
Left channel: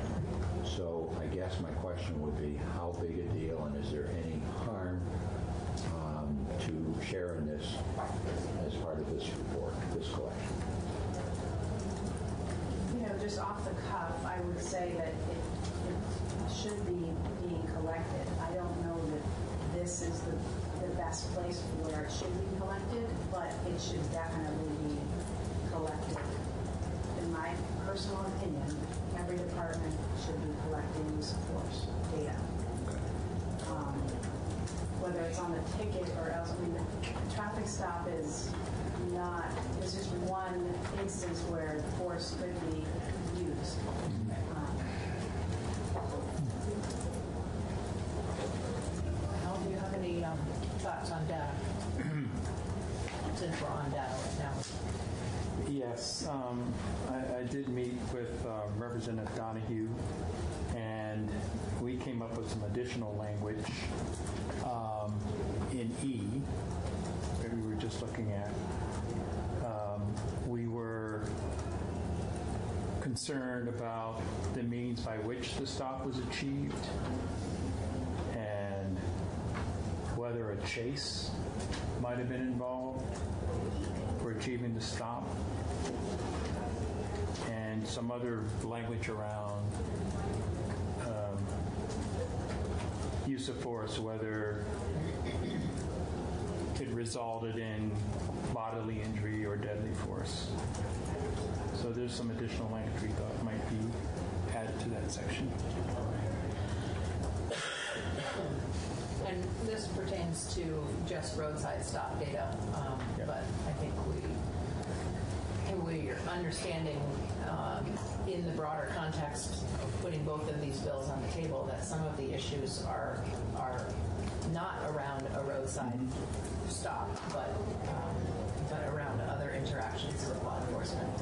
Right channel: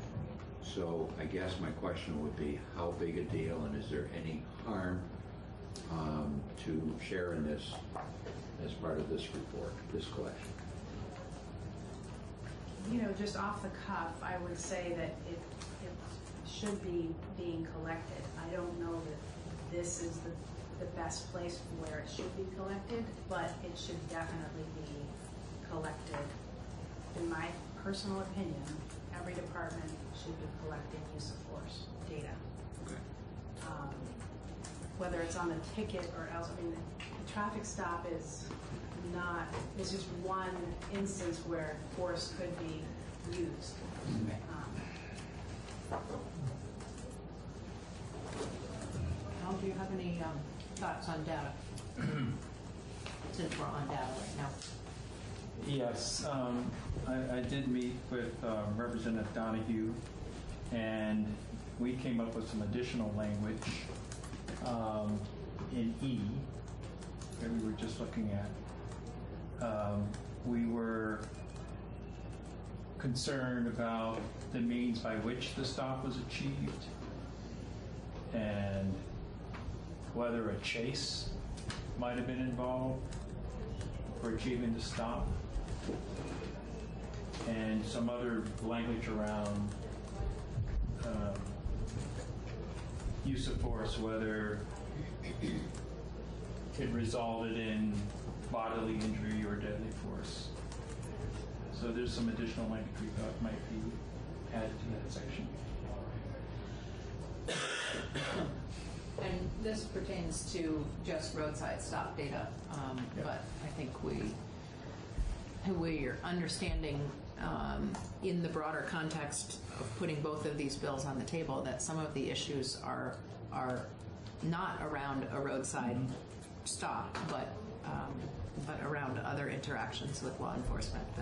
So I guess my question would be, how big a deal, and is there any harm to sharing this as part of this report, this collection? You know, just off the cuff, I would say that it should be being collected. I don't know that this is the best place where it should be collected, but it should definitely be collected. In my personal opinion, every department should be collecting use of force data. Whether it's on the ticket or else, I mean, the traffic stop is one instance where force could be used. I hope you have any thoughts on data, since we're on data right now. Yes, I did meet with Representative Donahue, and we came up with some additional language in E that we were just looking at. We were concerned about the means by which the stop was achieved and whether a chase might have been involved for achieving the stop, and some other language around use of force, whether it resulted in bodily injury or deadly force. So there's some additional language we thought might be added to that section. And this pertains to just roadside stop data, but I think we are understanding in the broader context of putting both of these bills on the table that some of the issues are not around a roadside stop, but around other interactions with law enforcement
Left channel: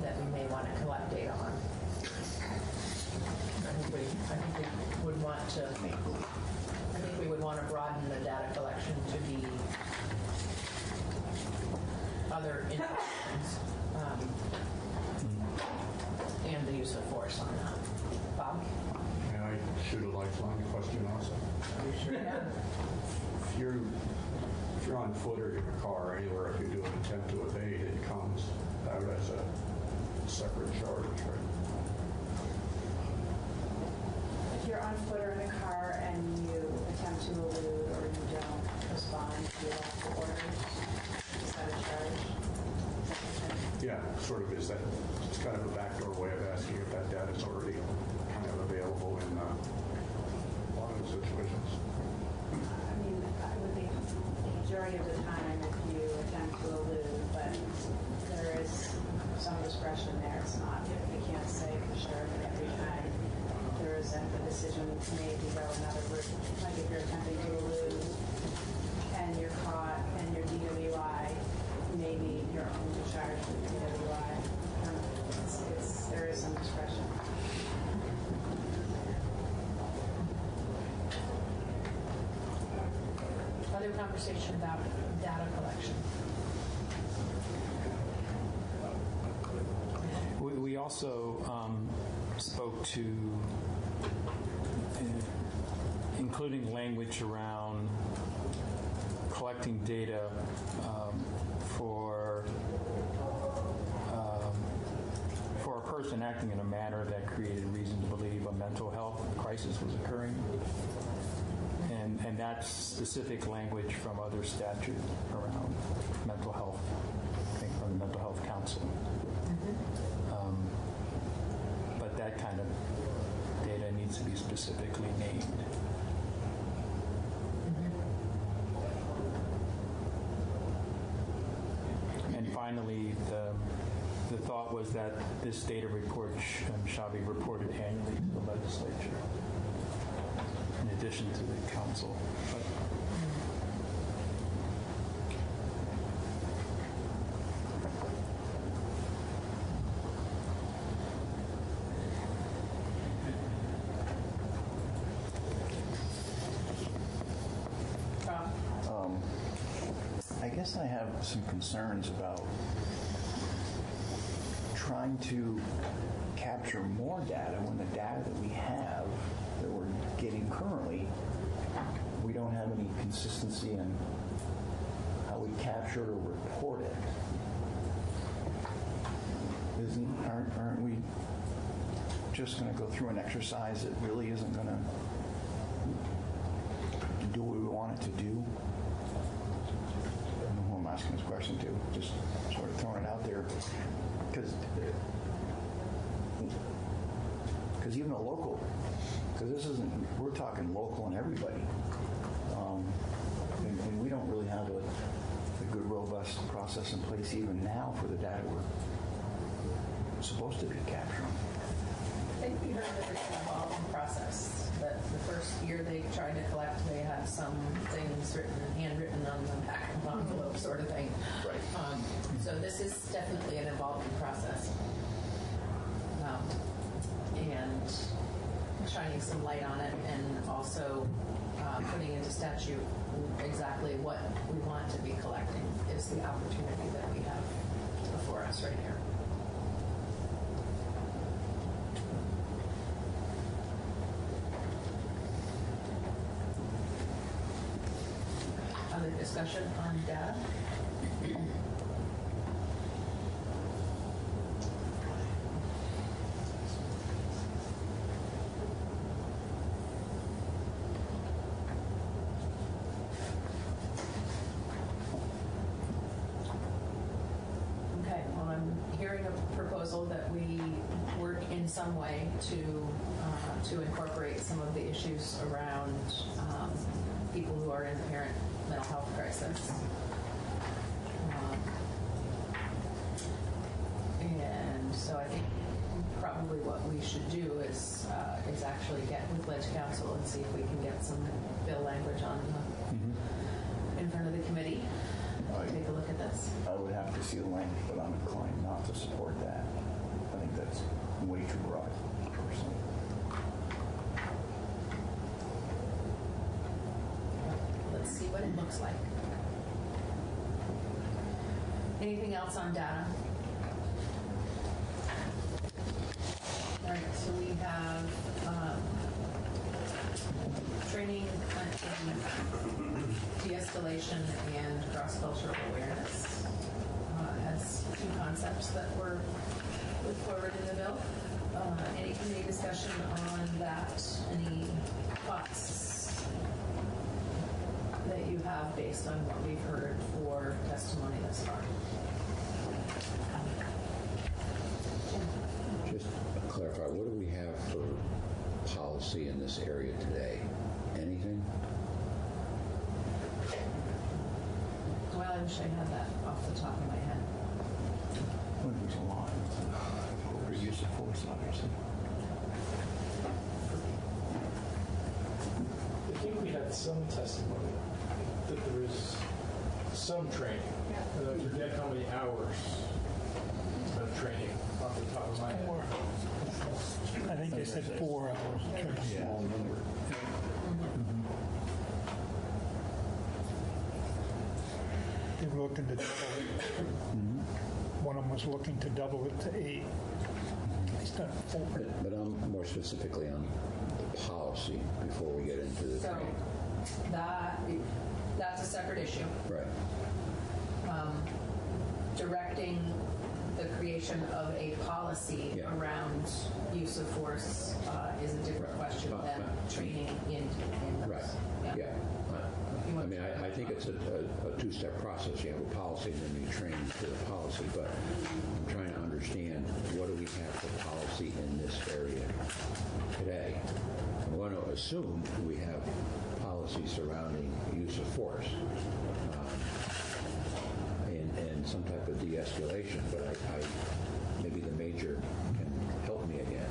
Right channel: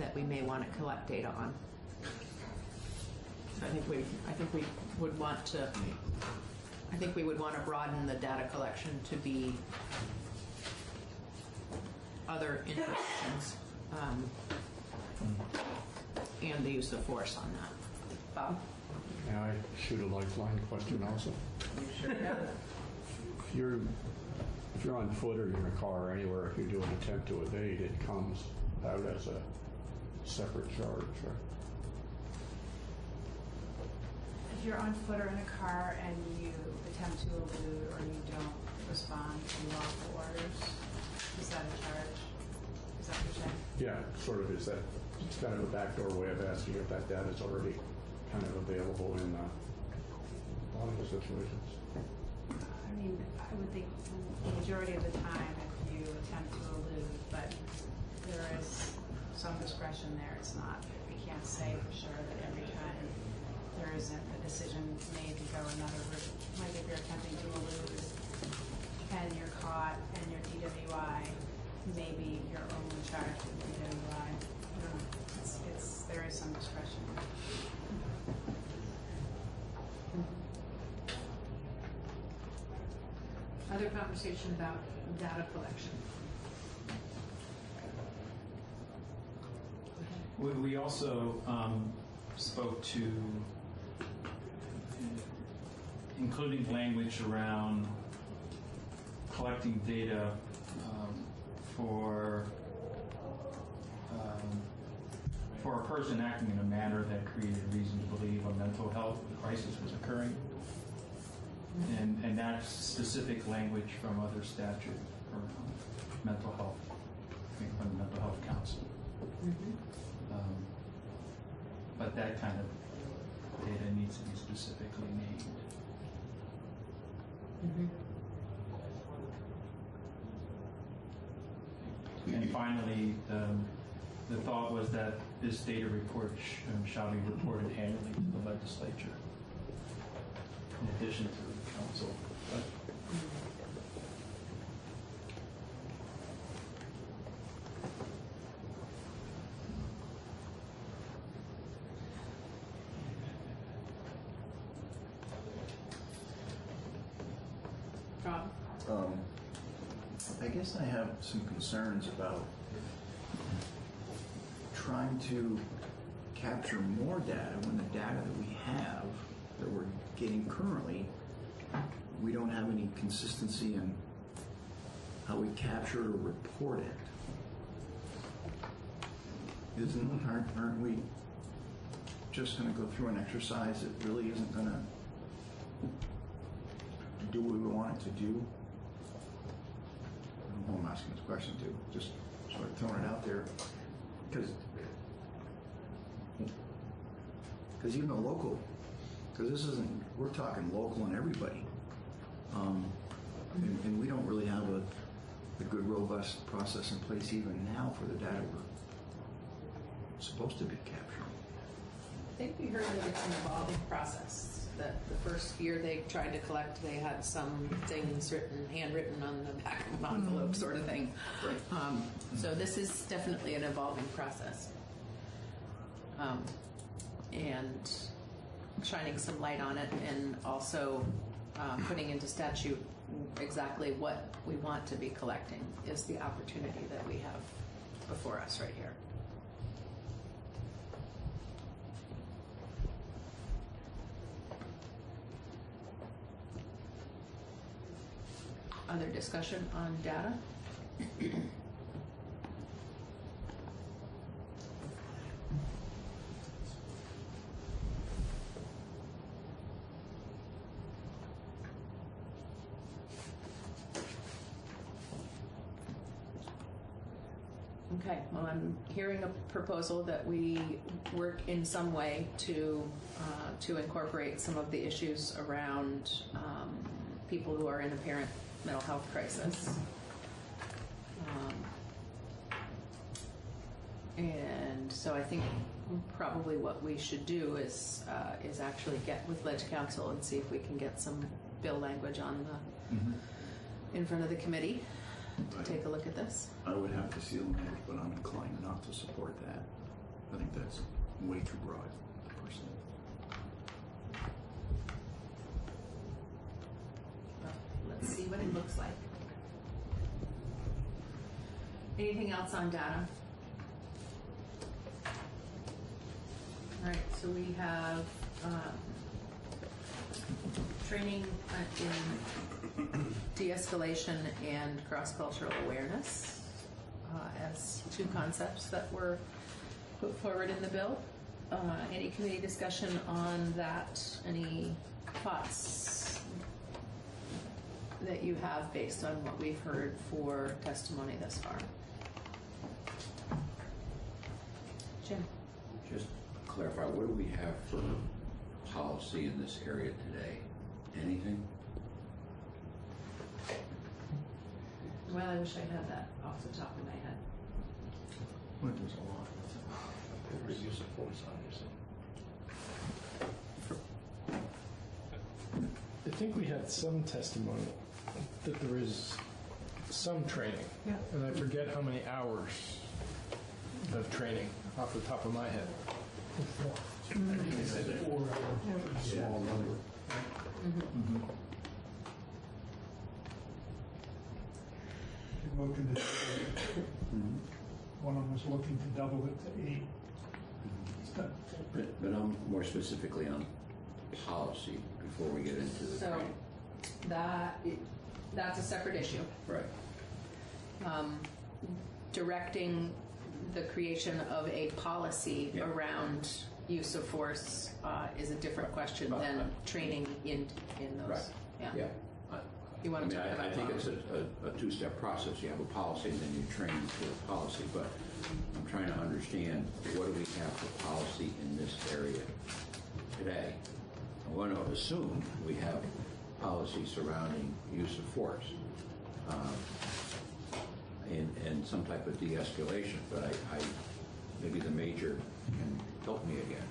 that we may want to collect data on. I think we would want to broaden the data collection to be other interactions and the use of force on that. Bob? Can I shoot a lifeline question also? You sure can. If you're on foot or in a car or anywhere, if you do an attempt to evade, it comes out as a separate charge, right? If you're on foot or in a car and you attempt to elude or you don't respond to lawful orders, is that a charge? Yeah, sort of is that. It's kind of a backdoor way of asking if that data is already kind of available in a lot of situations. I mean, I would think the majority of the time if you attempt to elude, but there is some discretion there. It's not, we can't say for sure that every time there isn't a decision made to go another route. Like if you're attempting to elude and you're caught and you're DWI, maybe you're only charged with DWI. There is some discretion. Other conversation about data collection. We also spoke to including language around collecting data for a person acting in a manner that created reason to believe a mental health crisis was occurring. And that's specific language from other statutes around mental health, from the Mental Health Council. But that kind of data needs to be specifically named. And finally, the thought was that this data report shall be reported annually to the legislature, in addition to the council. I guess I have some concerns about trying to capture more data when the data that we have, that we're getting currently, we don't have any consistency in how we capture or report it. Aren't we just going to go through an exercise that really isn't going to do what we want it to do? I don't know who I'm asking this question to, just sort of throwing it out there. Because even a local, because this isn't, we're talking local and everybody. And we don't really have a good, robust process in place even now for the data we're supposed to be capturing. I think we heard that it's an evolving process, that the first year they tried to collect, they had something certain handwritten on the back of an envelope sort of thing. So this is definitely an evolving process. And shining some light on it, and also putting into statute exactly what we want to be collecting is the opportunity that we have before us right here. Other discussion on data? Okay, well, I'm hearing a proposal that we work in some way to incorporate some of the issues around people who are in apparent mental health crisis. And so I think probably what we should do is actually get with Ledge Council and see if we can get some bill language on in front of the committee. Take a look at this. I would have to see the language, but I'm inclined not to support that. I think that's way too broad, personally. Let's see what it looks like. Anything else on data? All right, so we have training in de-escalation and cross-cultural awareness as two concepts that were put forward in the bill. Any committee discussion on that? Any thoughts that you have based on what we've heard for testimony thus far? Just to clarify, what do we have for policy in this area today? Anything? Well, I wish I had that off the top of my head. Well, there's a lot. For use of force, obviously. I think we had some testimony that there is some training, and I forget how many hours of training off the top of my head. I think they said 4 hours. Small number. They're looking to double it. One of them was looking to double it to 8. He's done 4. But I'm more specifically on policy before we get into the. So that's a separate issue. Right. Directing the creation of a policy around use of force is a different question than training in those. Right. Yeah. You want to talk about I think it's a two-step process. You have a policy, and then you train to the policy. But I'm trying to understand, what do we have for policy in this area today? I'm going to assume we have policy surrounding use of force and some type of de-escalation. But I maybe the major can help me again.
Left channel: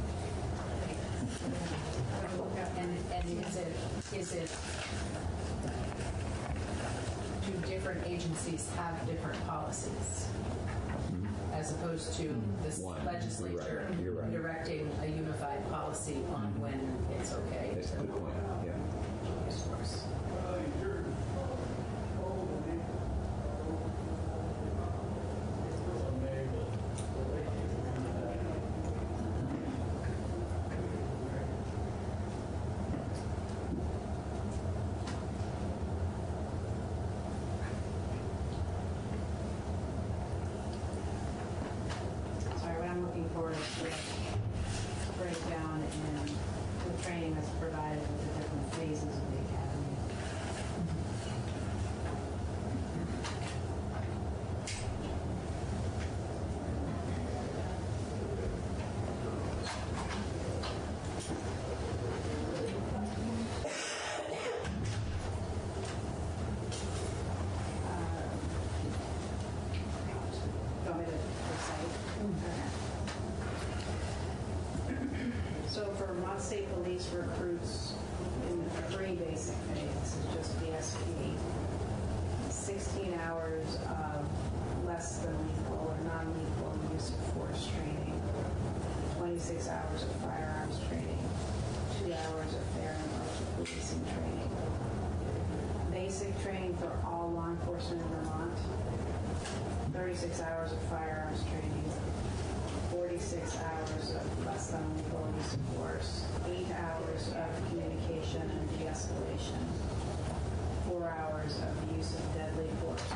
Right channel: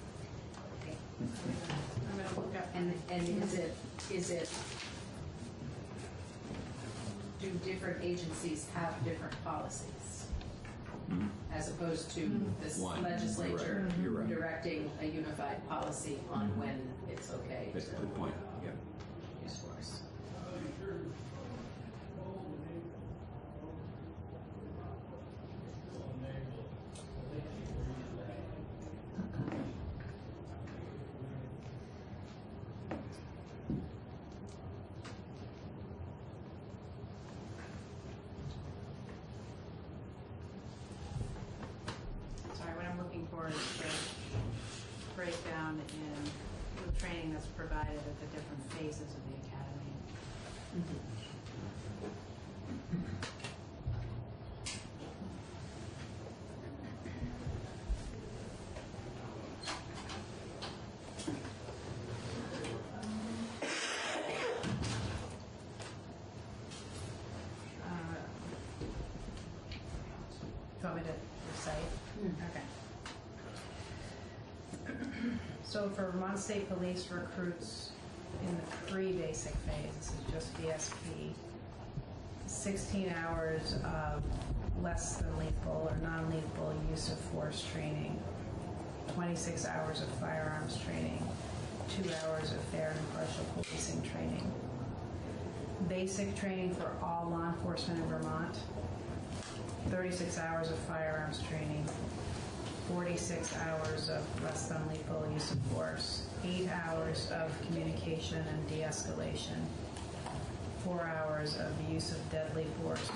And is it do different agencies have different policies as opposed to this legislature directing a unified policy on when it's okay? That's a good point. Yeah. Use force. Looking forward to breakdown in the training that's provided with the different So for Vermont State Police recruits in the pre-basic phase, this is just BSP, 16 hours of less than lethal or non-lethal use of force training, 26 hours of firearms training, 2 hours of fair and impartial policing training. Basic training for all law enforcement in Vermont, 36 hours of firearms training, 46 hours of less than lethal use of force, 8 hours of communication and de-escalation, 4 hours of use of deadly force,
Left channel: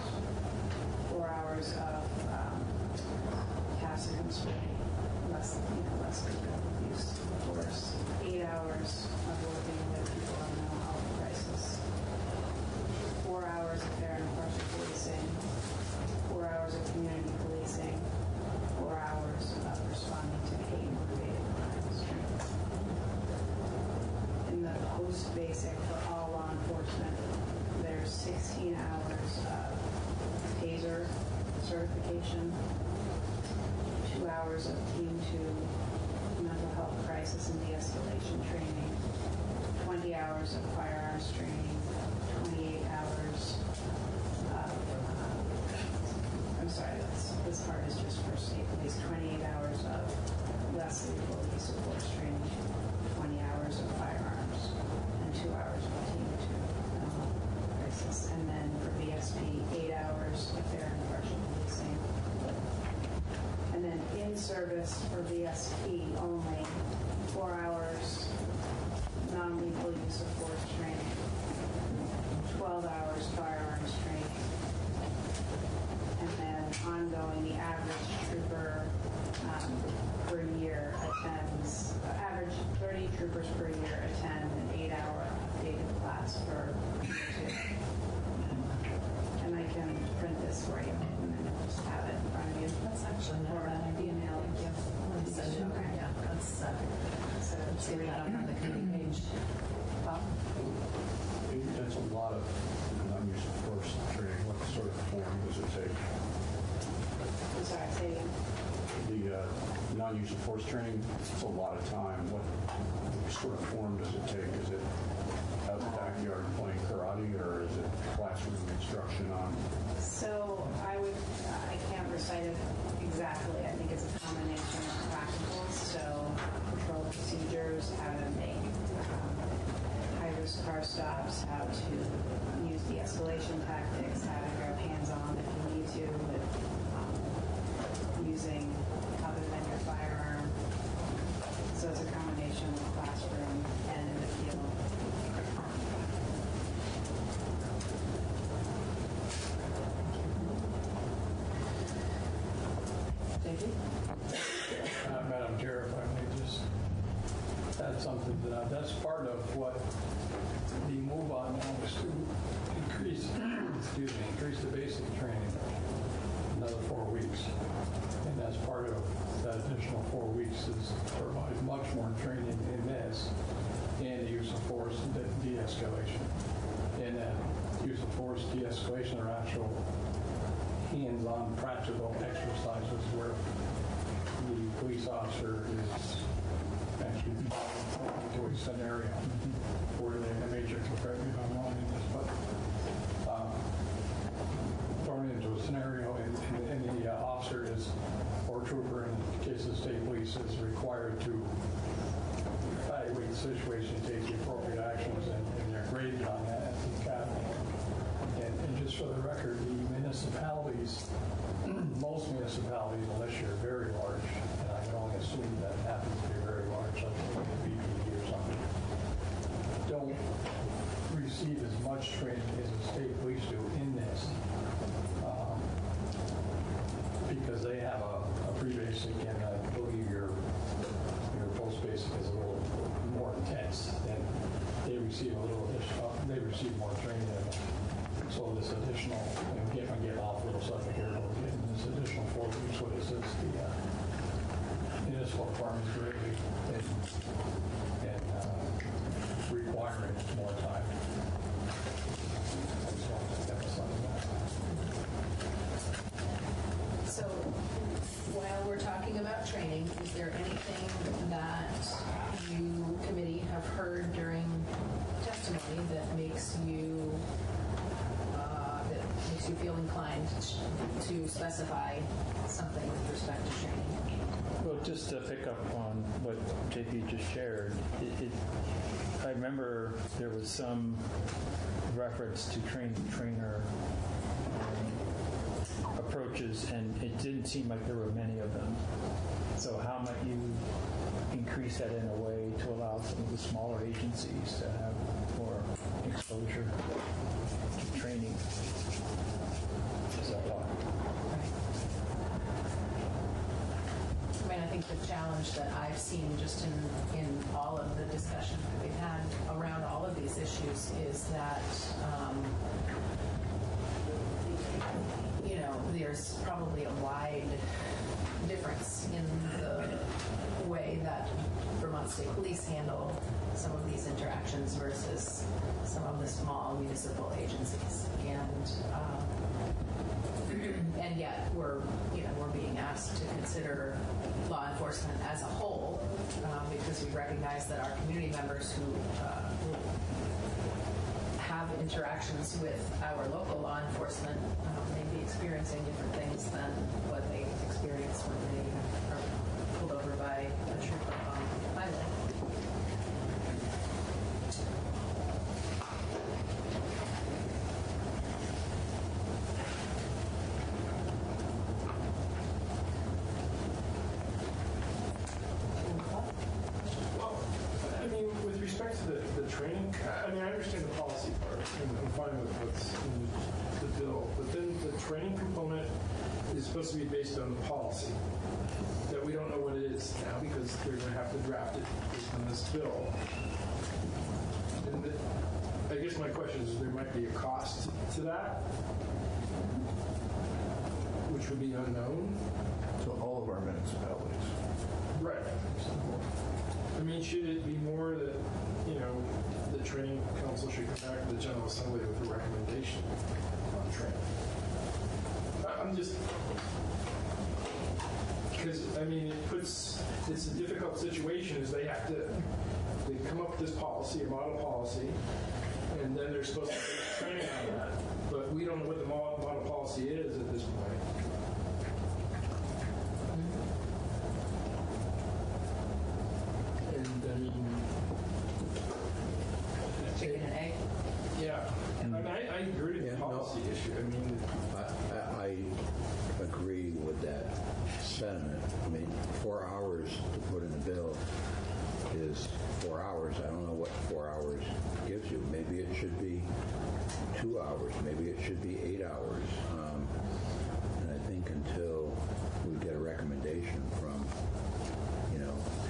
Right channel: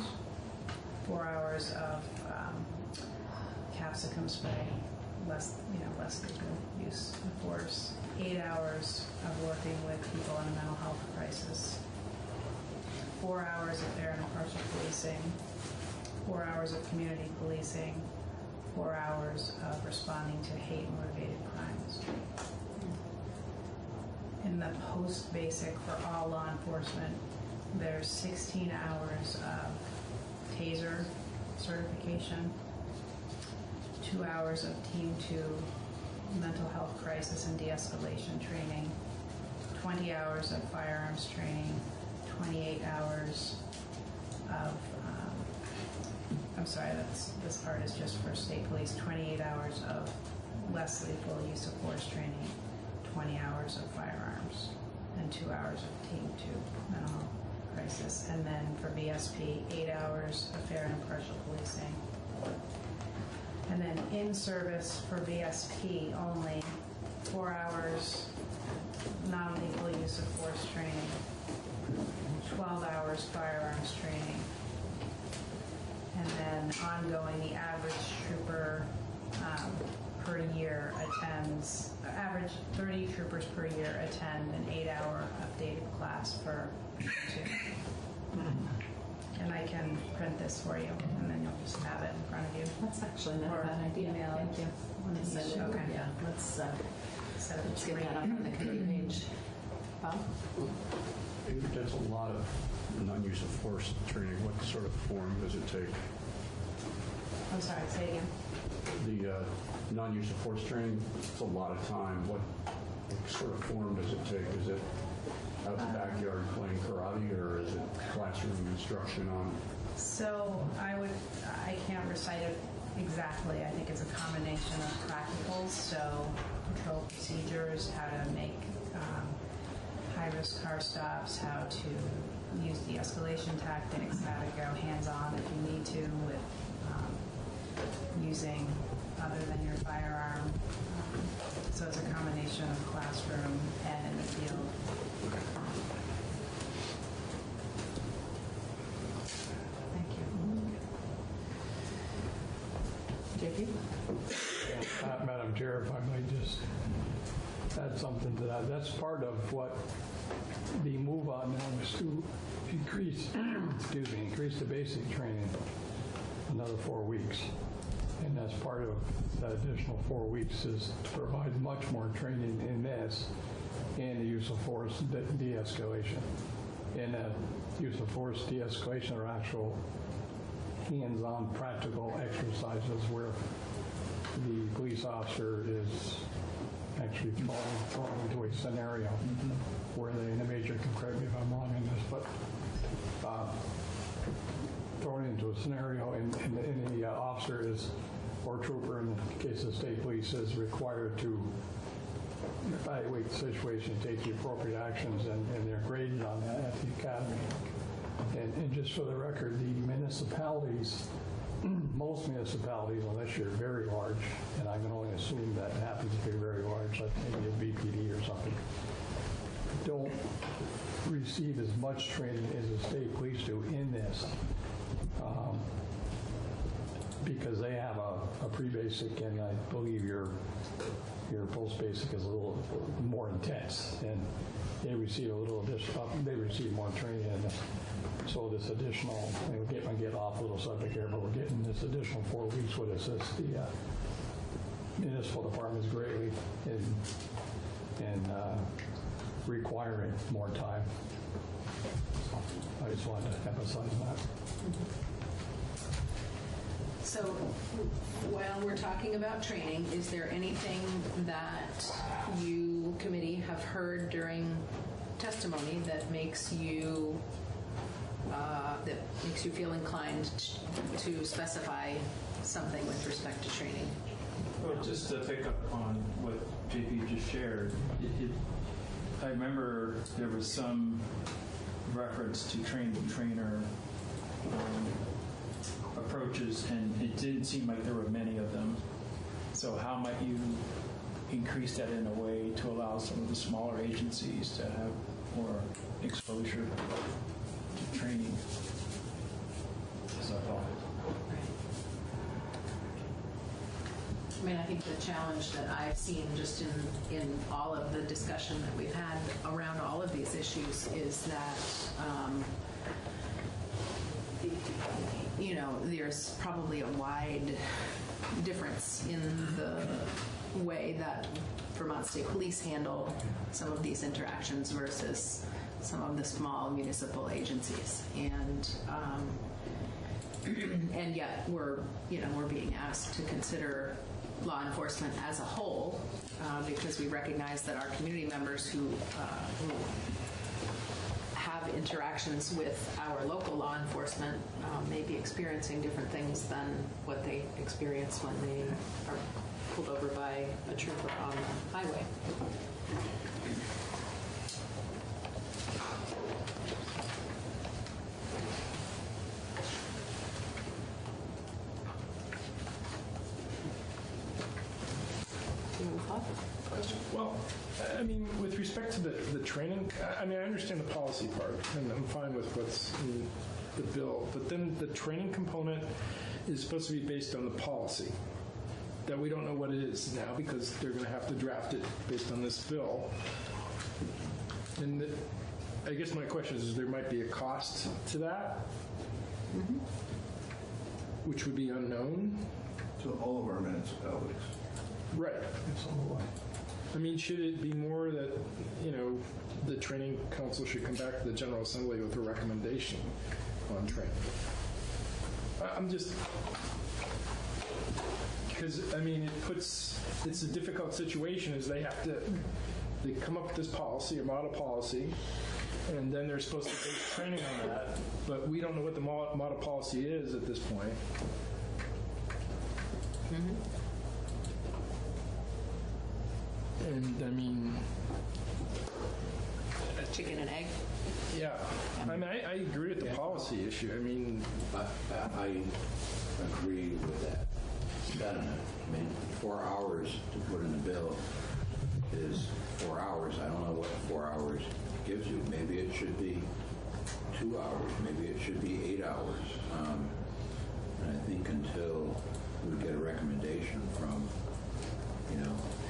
4 hours of capsicum spray, less than good use of force, 8 hours of working with people in mental health crisis, 4 hours of fair and impartial policing, 4 hours of community policing, 4 hours of responding to hate-motivated crimes. In the post-basic for all law enforcement, there's 16 hours of TASER certification, 2 hours of Team 2 mental health crisis and de-escalation training, 20 hours of firearms training, 28 hours of this part is just for state police, 28 hours of less lethal use of force training, 20 hours of firearms, and 2 hours of Team 2 mental health crisis. And then for VSP, 8 hours of fair and impartial policing. And then in service for VSP only, 4 hours non-lethal use of force training, 12 hours firearms training, and then ongoing, the average trooper per year attends, average 30 troopers per year attend an 8-hour updated class for 2. And I can print this for you, and then you'll just have it in front of you. That's actually not a bad idea. Email. Thank you. Okay. Yeah, that's, So let's it's get that up on the committee page. Maybe that's a lot of non-use of force training. What sort of form does it take? I'm sorry, say it again. The non-use of force training, it's a lot of time. What sort of form does it take? Is it out in the backyard playing karate, or is it classroom instruction on? So I can't recite it exactly. I think it's a combination of practicals, so control procedures, how to make high-risk car stops, how to use de-escalation tactics, how to go hands-on if you need to with using other than your firearm. So it's a combination of classroom and in the field. Madam Chair, if I might just add something to that. That's part of what the move on now is to increase the basic training another 4 weeks. And that's part of that additional 4 weeks is to provide much more training in this and the use of force and de-escalation. And that use of force de-escalation are actual hands-on practical exercises where the police officer is actually thrown into a scenario where the major can correct me if I'm wrong in this, but thrown into a scenario and the officer is, or trooper in the case of state police, is required to evaluate the situation, take the appropriate actions, and they're graded on that at the academy. And just for the record, the municipalities, most municipalities, unless you're very large, and I can only assume that happens to be very large, like maybe a BPD or something, don't receive as much training as the state police do in this, because they have a pre-basic, and I believe your post-basic is a little more intense, and they receive a little additional, they receive more training. So this additional, if I get off a little subject here, we're getting this additional 4 weeks would assist the municipal departments greatly in requiring more time. I just wanted to emphasize that. So while we're talking there anything that you, committee, have heard during testimony that makes you feel inclined to specify something with respect to training? Well, just to pick up on what JP just shared, I remember there was some reference to train-the-trainer approaches, and it didn't seem like there were many of them. So how might you increase that in a way to allow some of the smaller agencies to have more exposure to training? Is that thought? I mean, I think the challenge that I've seen just in all of the discussion that we've had around all of these issues is that, there's probably a wide difference in the way that Vermont State Police handle some of these interactions versus some of the small municipal agencies. And yet we're being asked to consider law enforcement as a whole because we recognize that our community members who have interactions with our local law enforcement may be experiencing different things than what they experience when they are pulled over by a trooper on the highway. Well, I mean, with respect to the training, I mean, I understand the policy part, and I'm fine with what's in the bill, but then the training component is supposed to be based on a policy that we don't know what it is now because they're going to have to draft it based on this bill. And I guess my question is there might be a cost to that, which would be unknown. So all of our municipalities. Right. I mean, should it be more that, the training council should come back to the General Assembly with a recommendation on training? I'm just, because, I mean, it's a difficult situation as they come up with this policy, a model policy, and then they're supposed to take training on that. But we don't know what the model policy is at this point. And I mean, chicken and egg. Yeah, I mean, I agree with the policy issue. I mean, I agree with that sentiment. I mean, 4 hours to put in the bill is 4 hours. I don't know what 4 hours gives you. Maybe it should be 2 hours. Maybe it should be 8 hours. And I think until we get a recommendation from,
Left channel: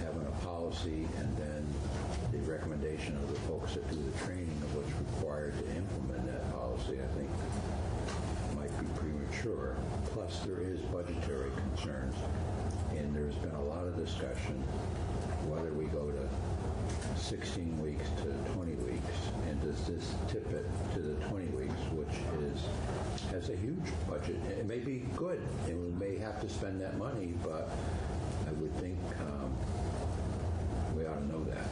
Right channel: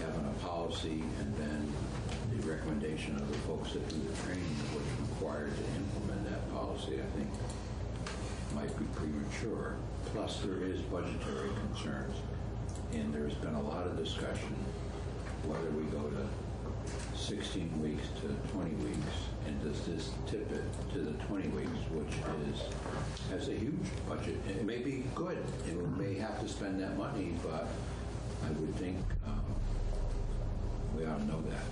having a policy and then the recommendation of the folks that do the training that was required to implement that policy, I think might be premature. Plus, there is budgetary concerns, and there's been a lot of discussion whether we go to 16 weeks to 20 weeks, and does this tip it to the 20 weeks, which has a huge budget. It may be good, and we may have to spend that money, but I would think we ought to know that.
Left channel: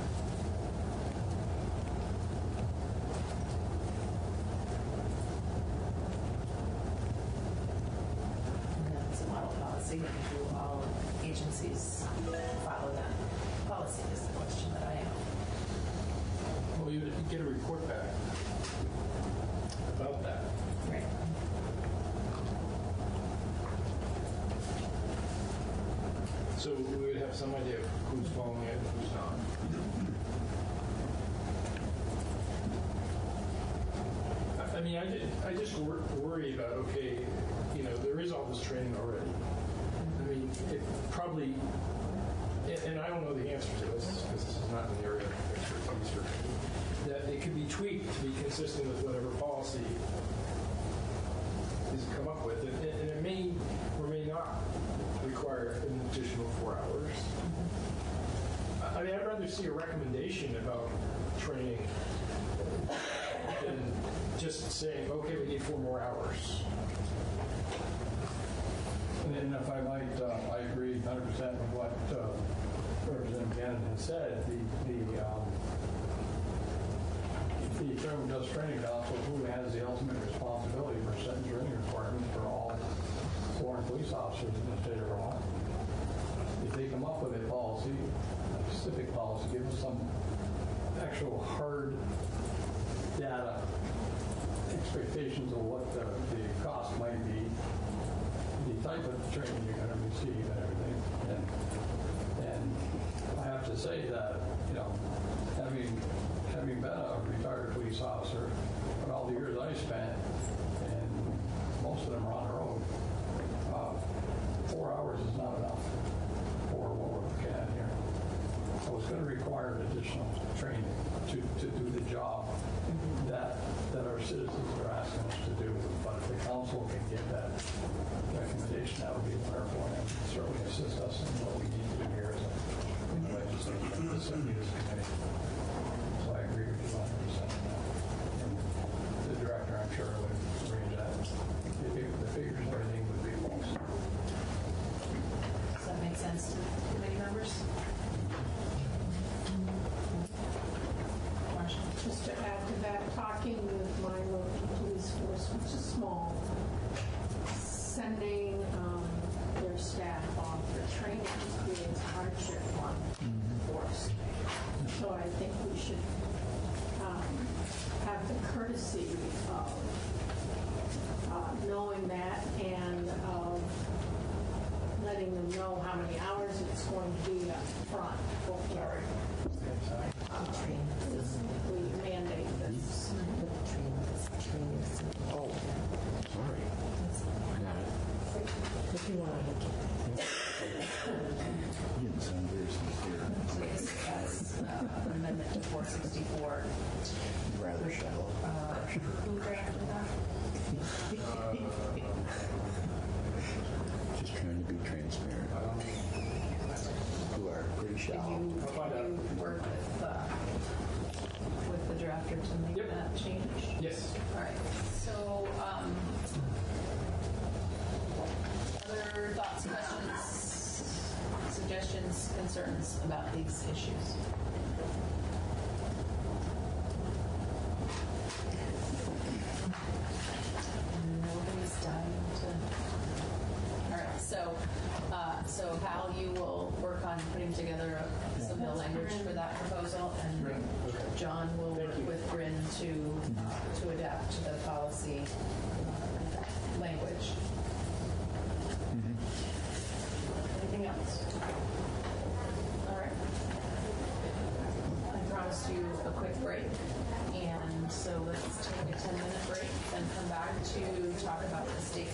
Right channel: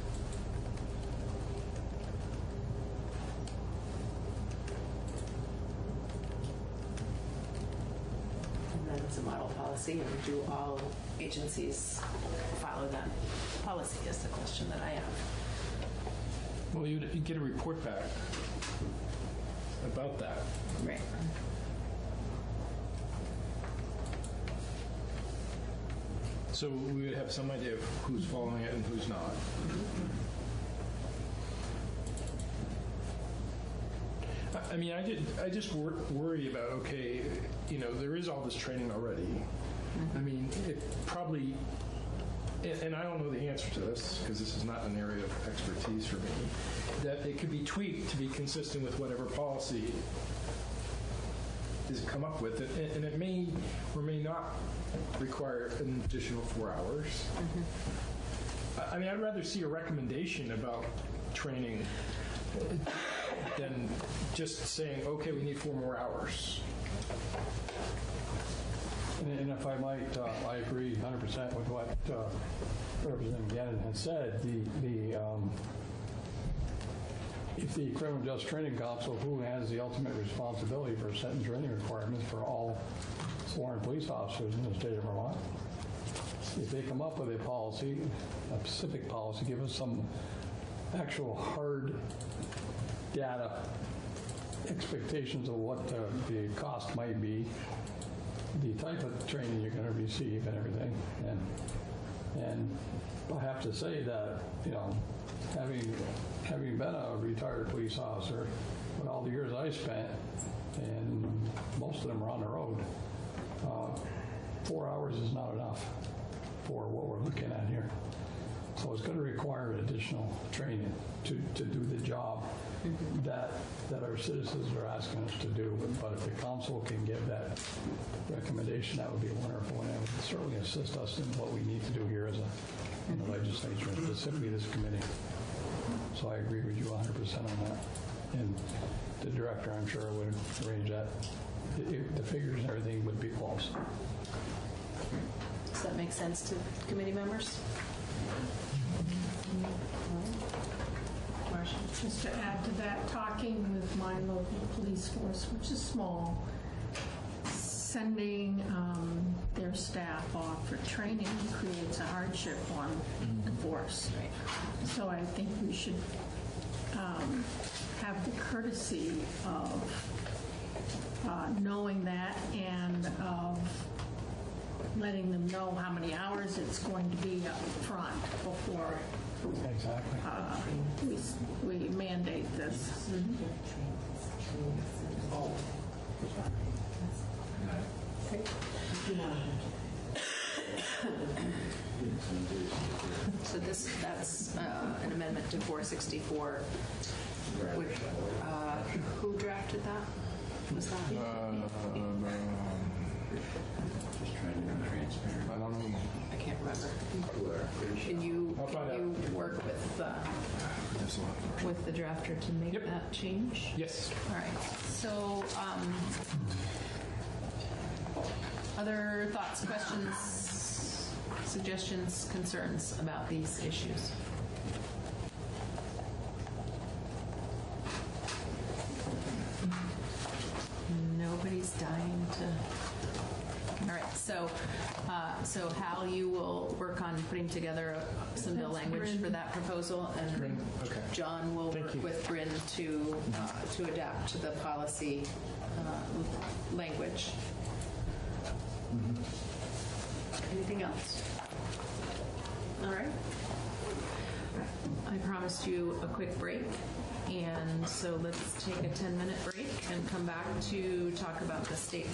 That's a model policy, but do all agencies follow that policy is the question that I have. well, you get a report back about that. Right. So we would have some idea of who's following it and who's not. I mean, I just worry about, okay, there is all this training already. I mean, it probably, and I don't know the answer to this because this is not an area of expertise for me, that it could be tweaked to be consistent with whatever policy is come up with. And it may or may not require an additional 4 hours. I mean, I'd rather see a recommendation about training than just saying, okay, we need 4 more hours. And if I might, I agree 100% with what Shannon had said, if the criminal justice training council, who has the ultimate responsibility for setting training requirements for all sworn police officers in the state of Vermont, if they come up with a policy, a specific policy, give us some actual hard data expectations of what the cost might be, the type of training you're going to receive and everything. And I have to say that, you know, having been a retired police officer, for all the years I spent, and most of them are on the road, 4 hours is not enough for what we're looking at here. So it's going to require additional training to do the job that our citizens are asking us to do. But if the council can give that recommendation, that would be wonderful, and certainly assist us in what we need to do here as a legislature, and specifically this committee. So I agree with you 100% on that. And the director, I'm sure, would arrange that. The figures and everything would be close. Does that make sense to committee members? Just to add to that, talking with my local police force, which is small, sending their staff off for training creates a hardship on the force. So I think we should have the courtesy of knowing that and of letting them know how many hours it's going to be up front before we mandate this. Oh, sorry. So this has an amendment to 464. Who drafted that? Was that Just trying to be transparent. I can't remember. Can you work with the drafter to make that change? Yes. All right. So, other thoughts, questions, suggestions, concerns about these issues? Nobody's dying to. All right. So Hal, you will work on putting together some bill language for that proposal, and John will work with Bryn to adapt to the policy language. Anything else? All right. I promised you a quick break, and so let's take a 10-minute break and come back to talk about the state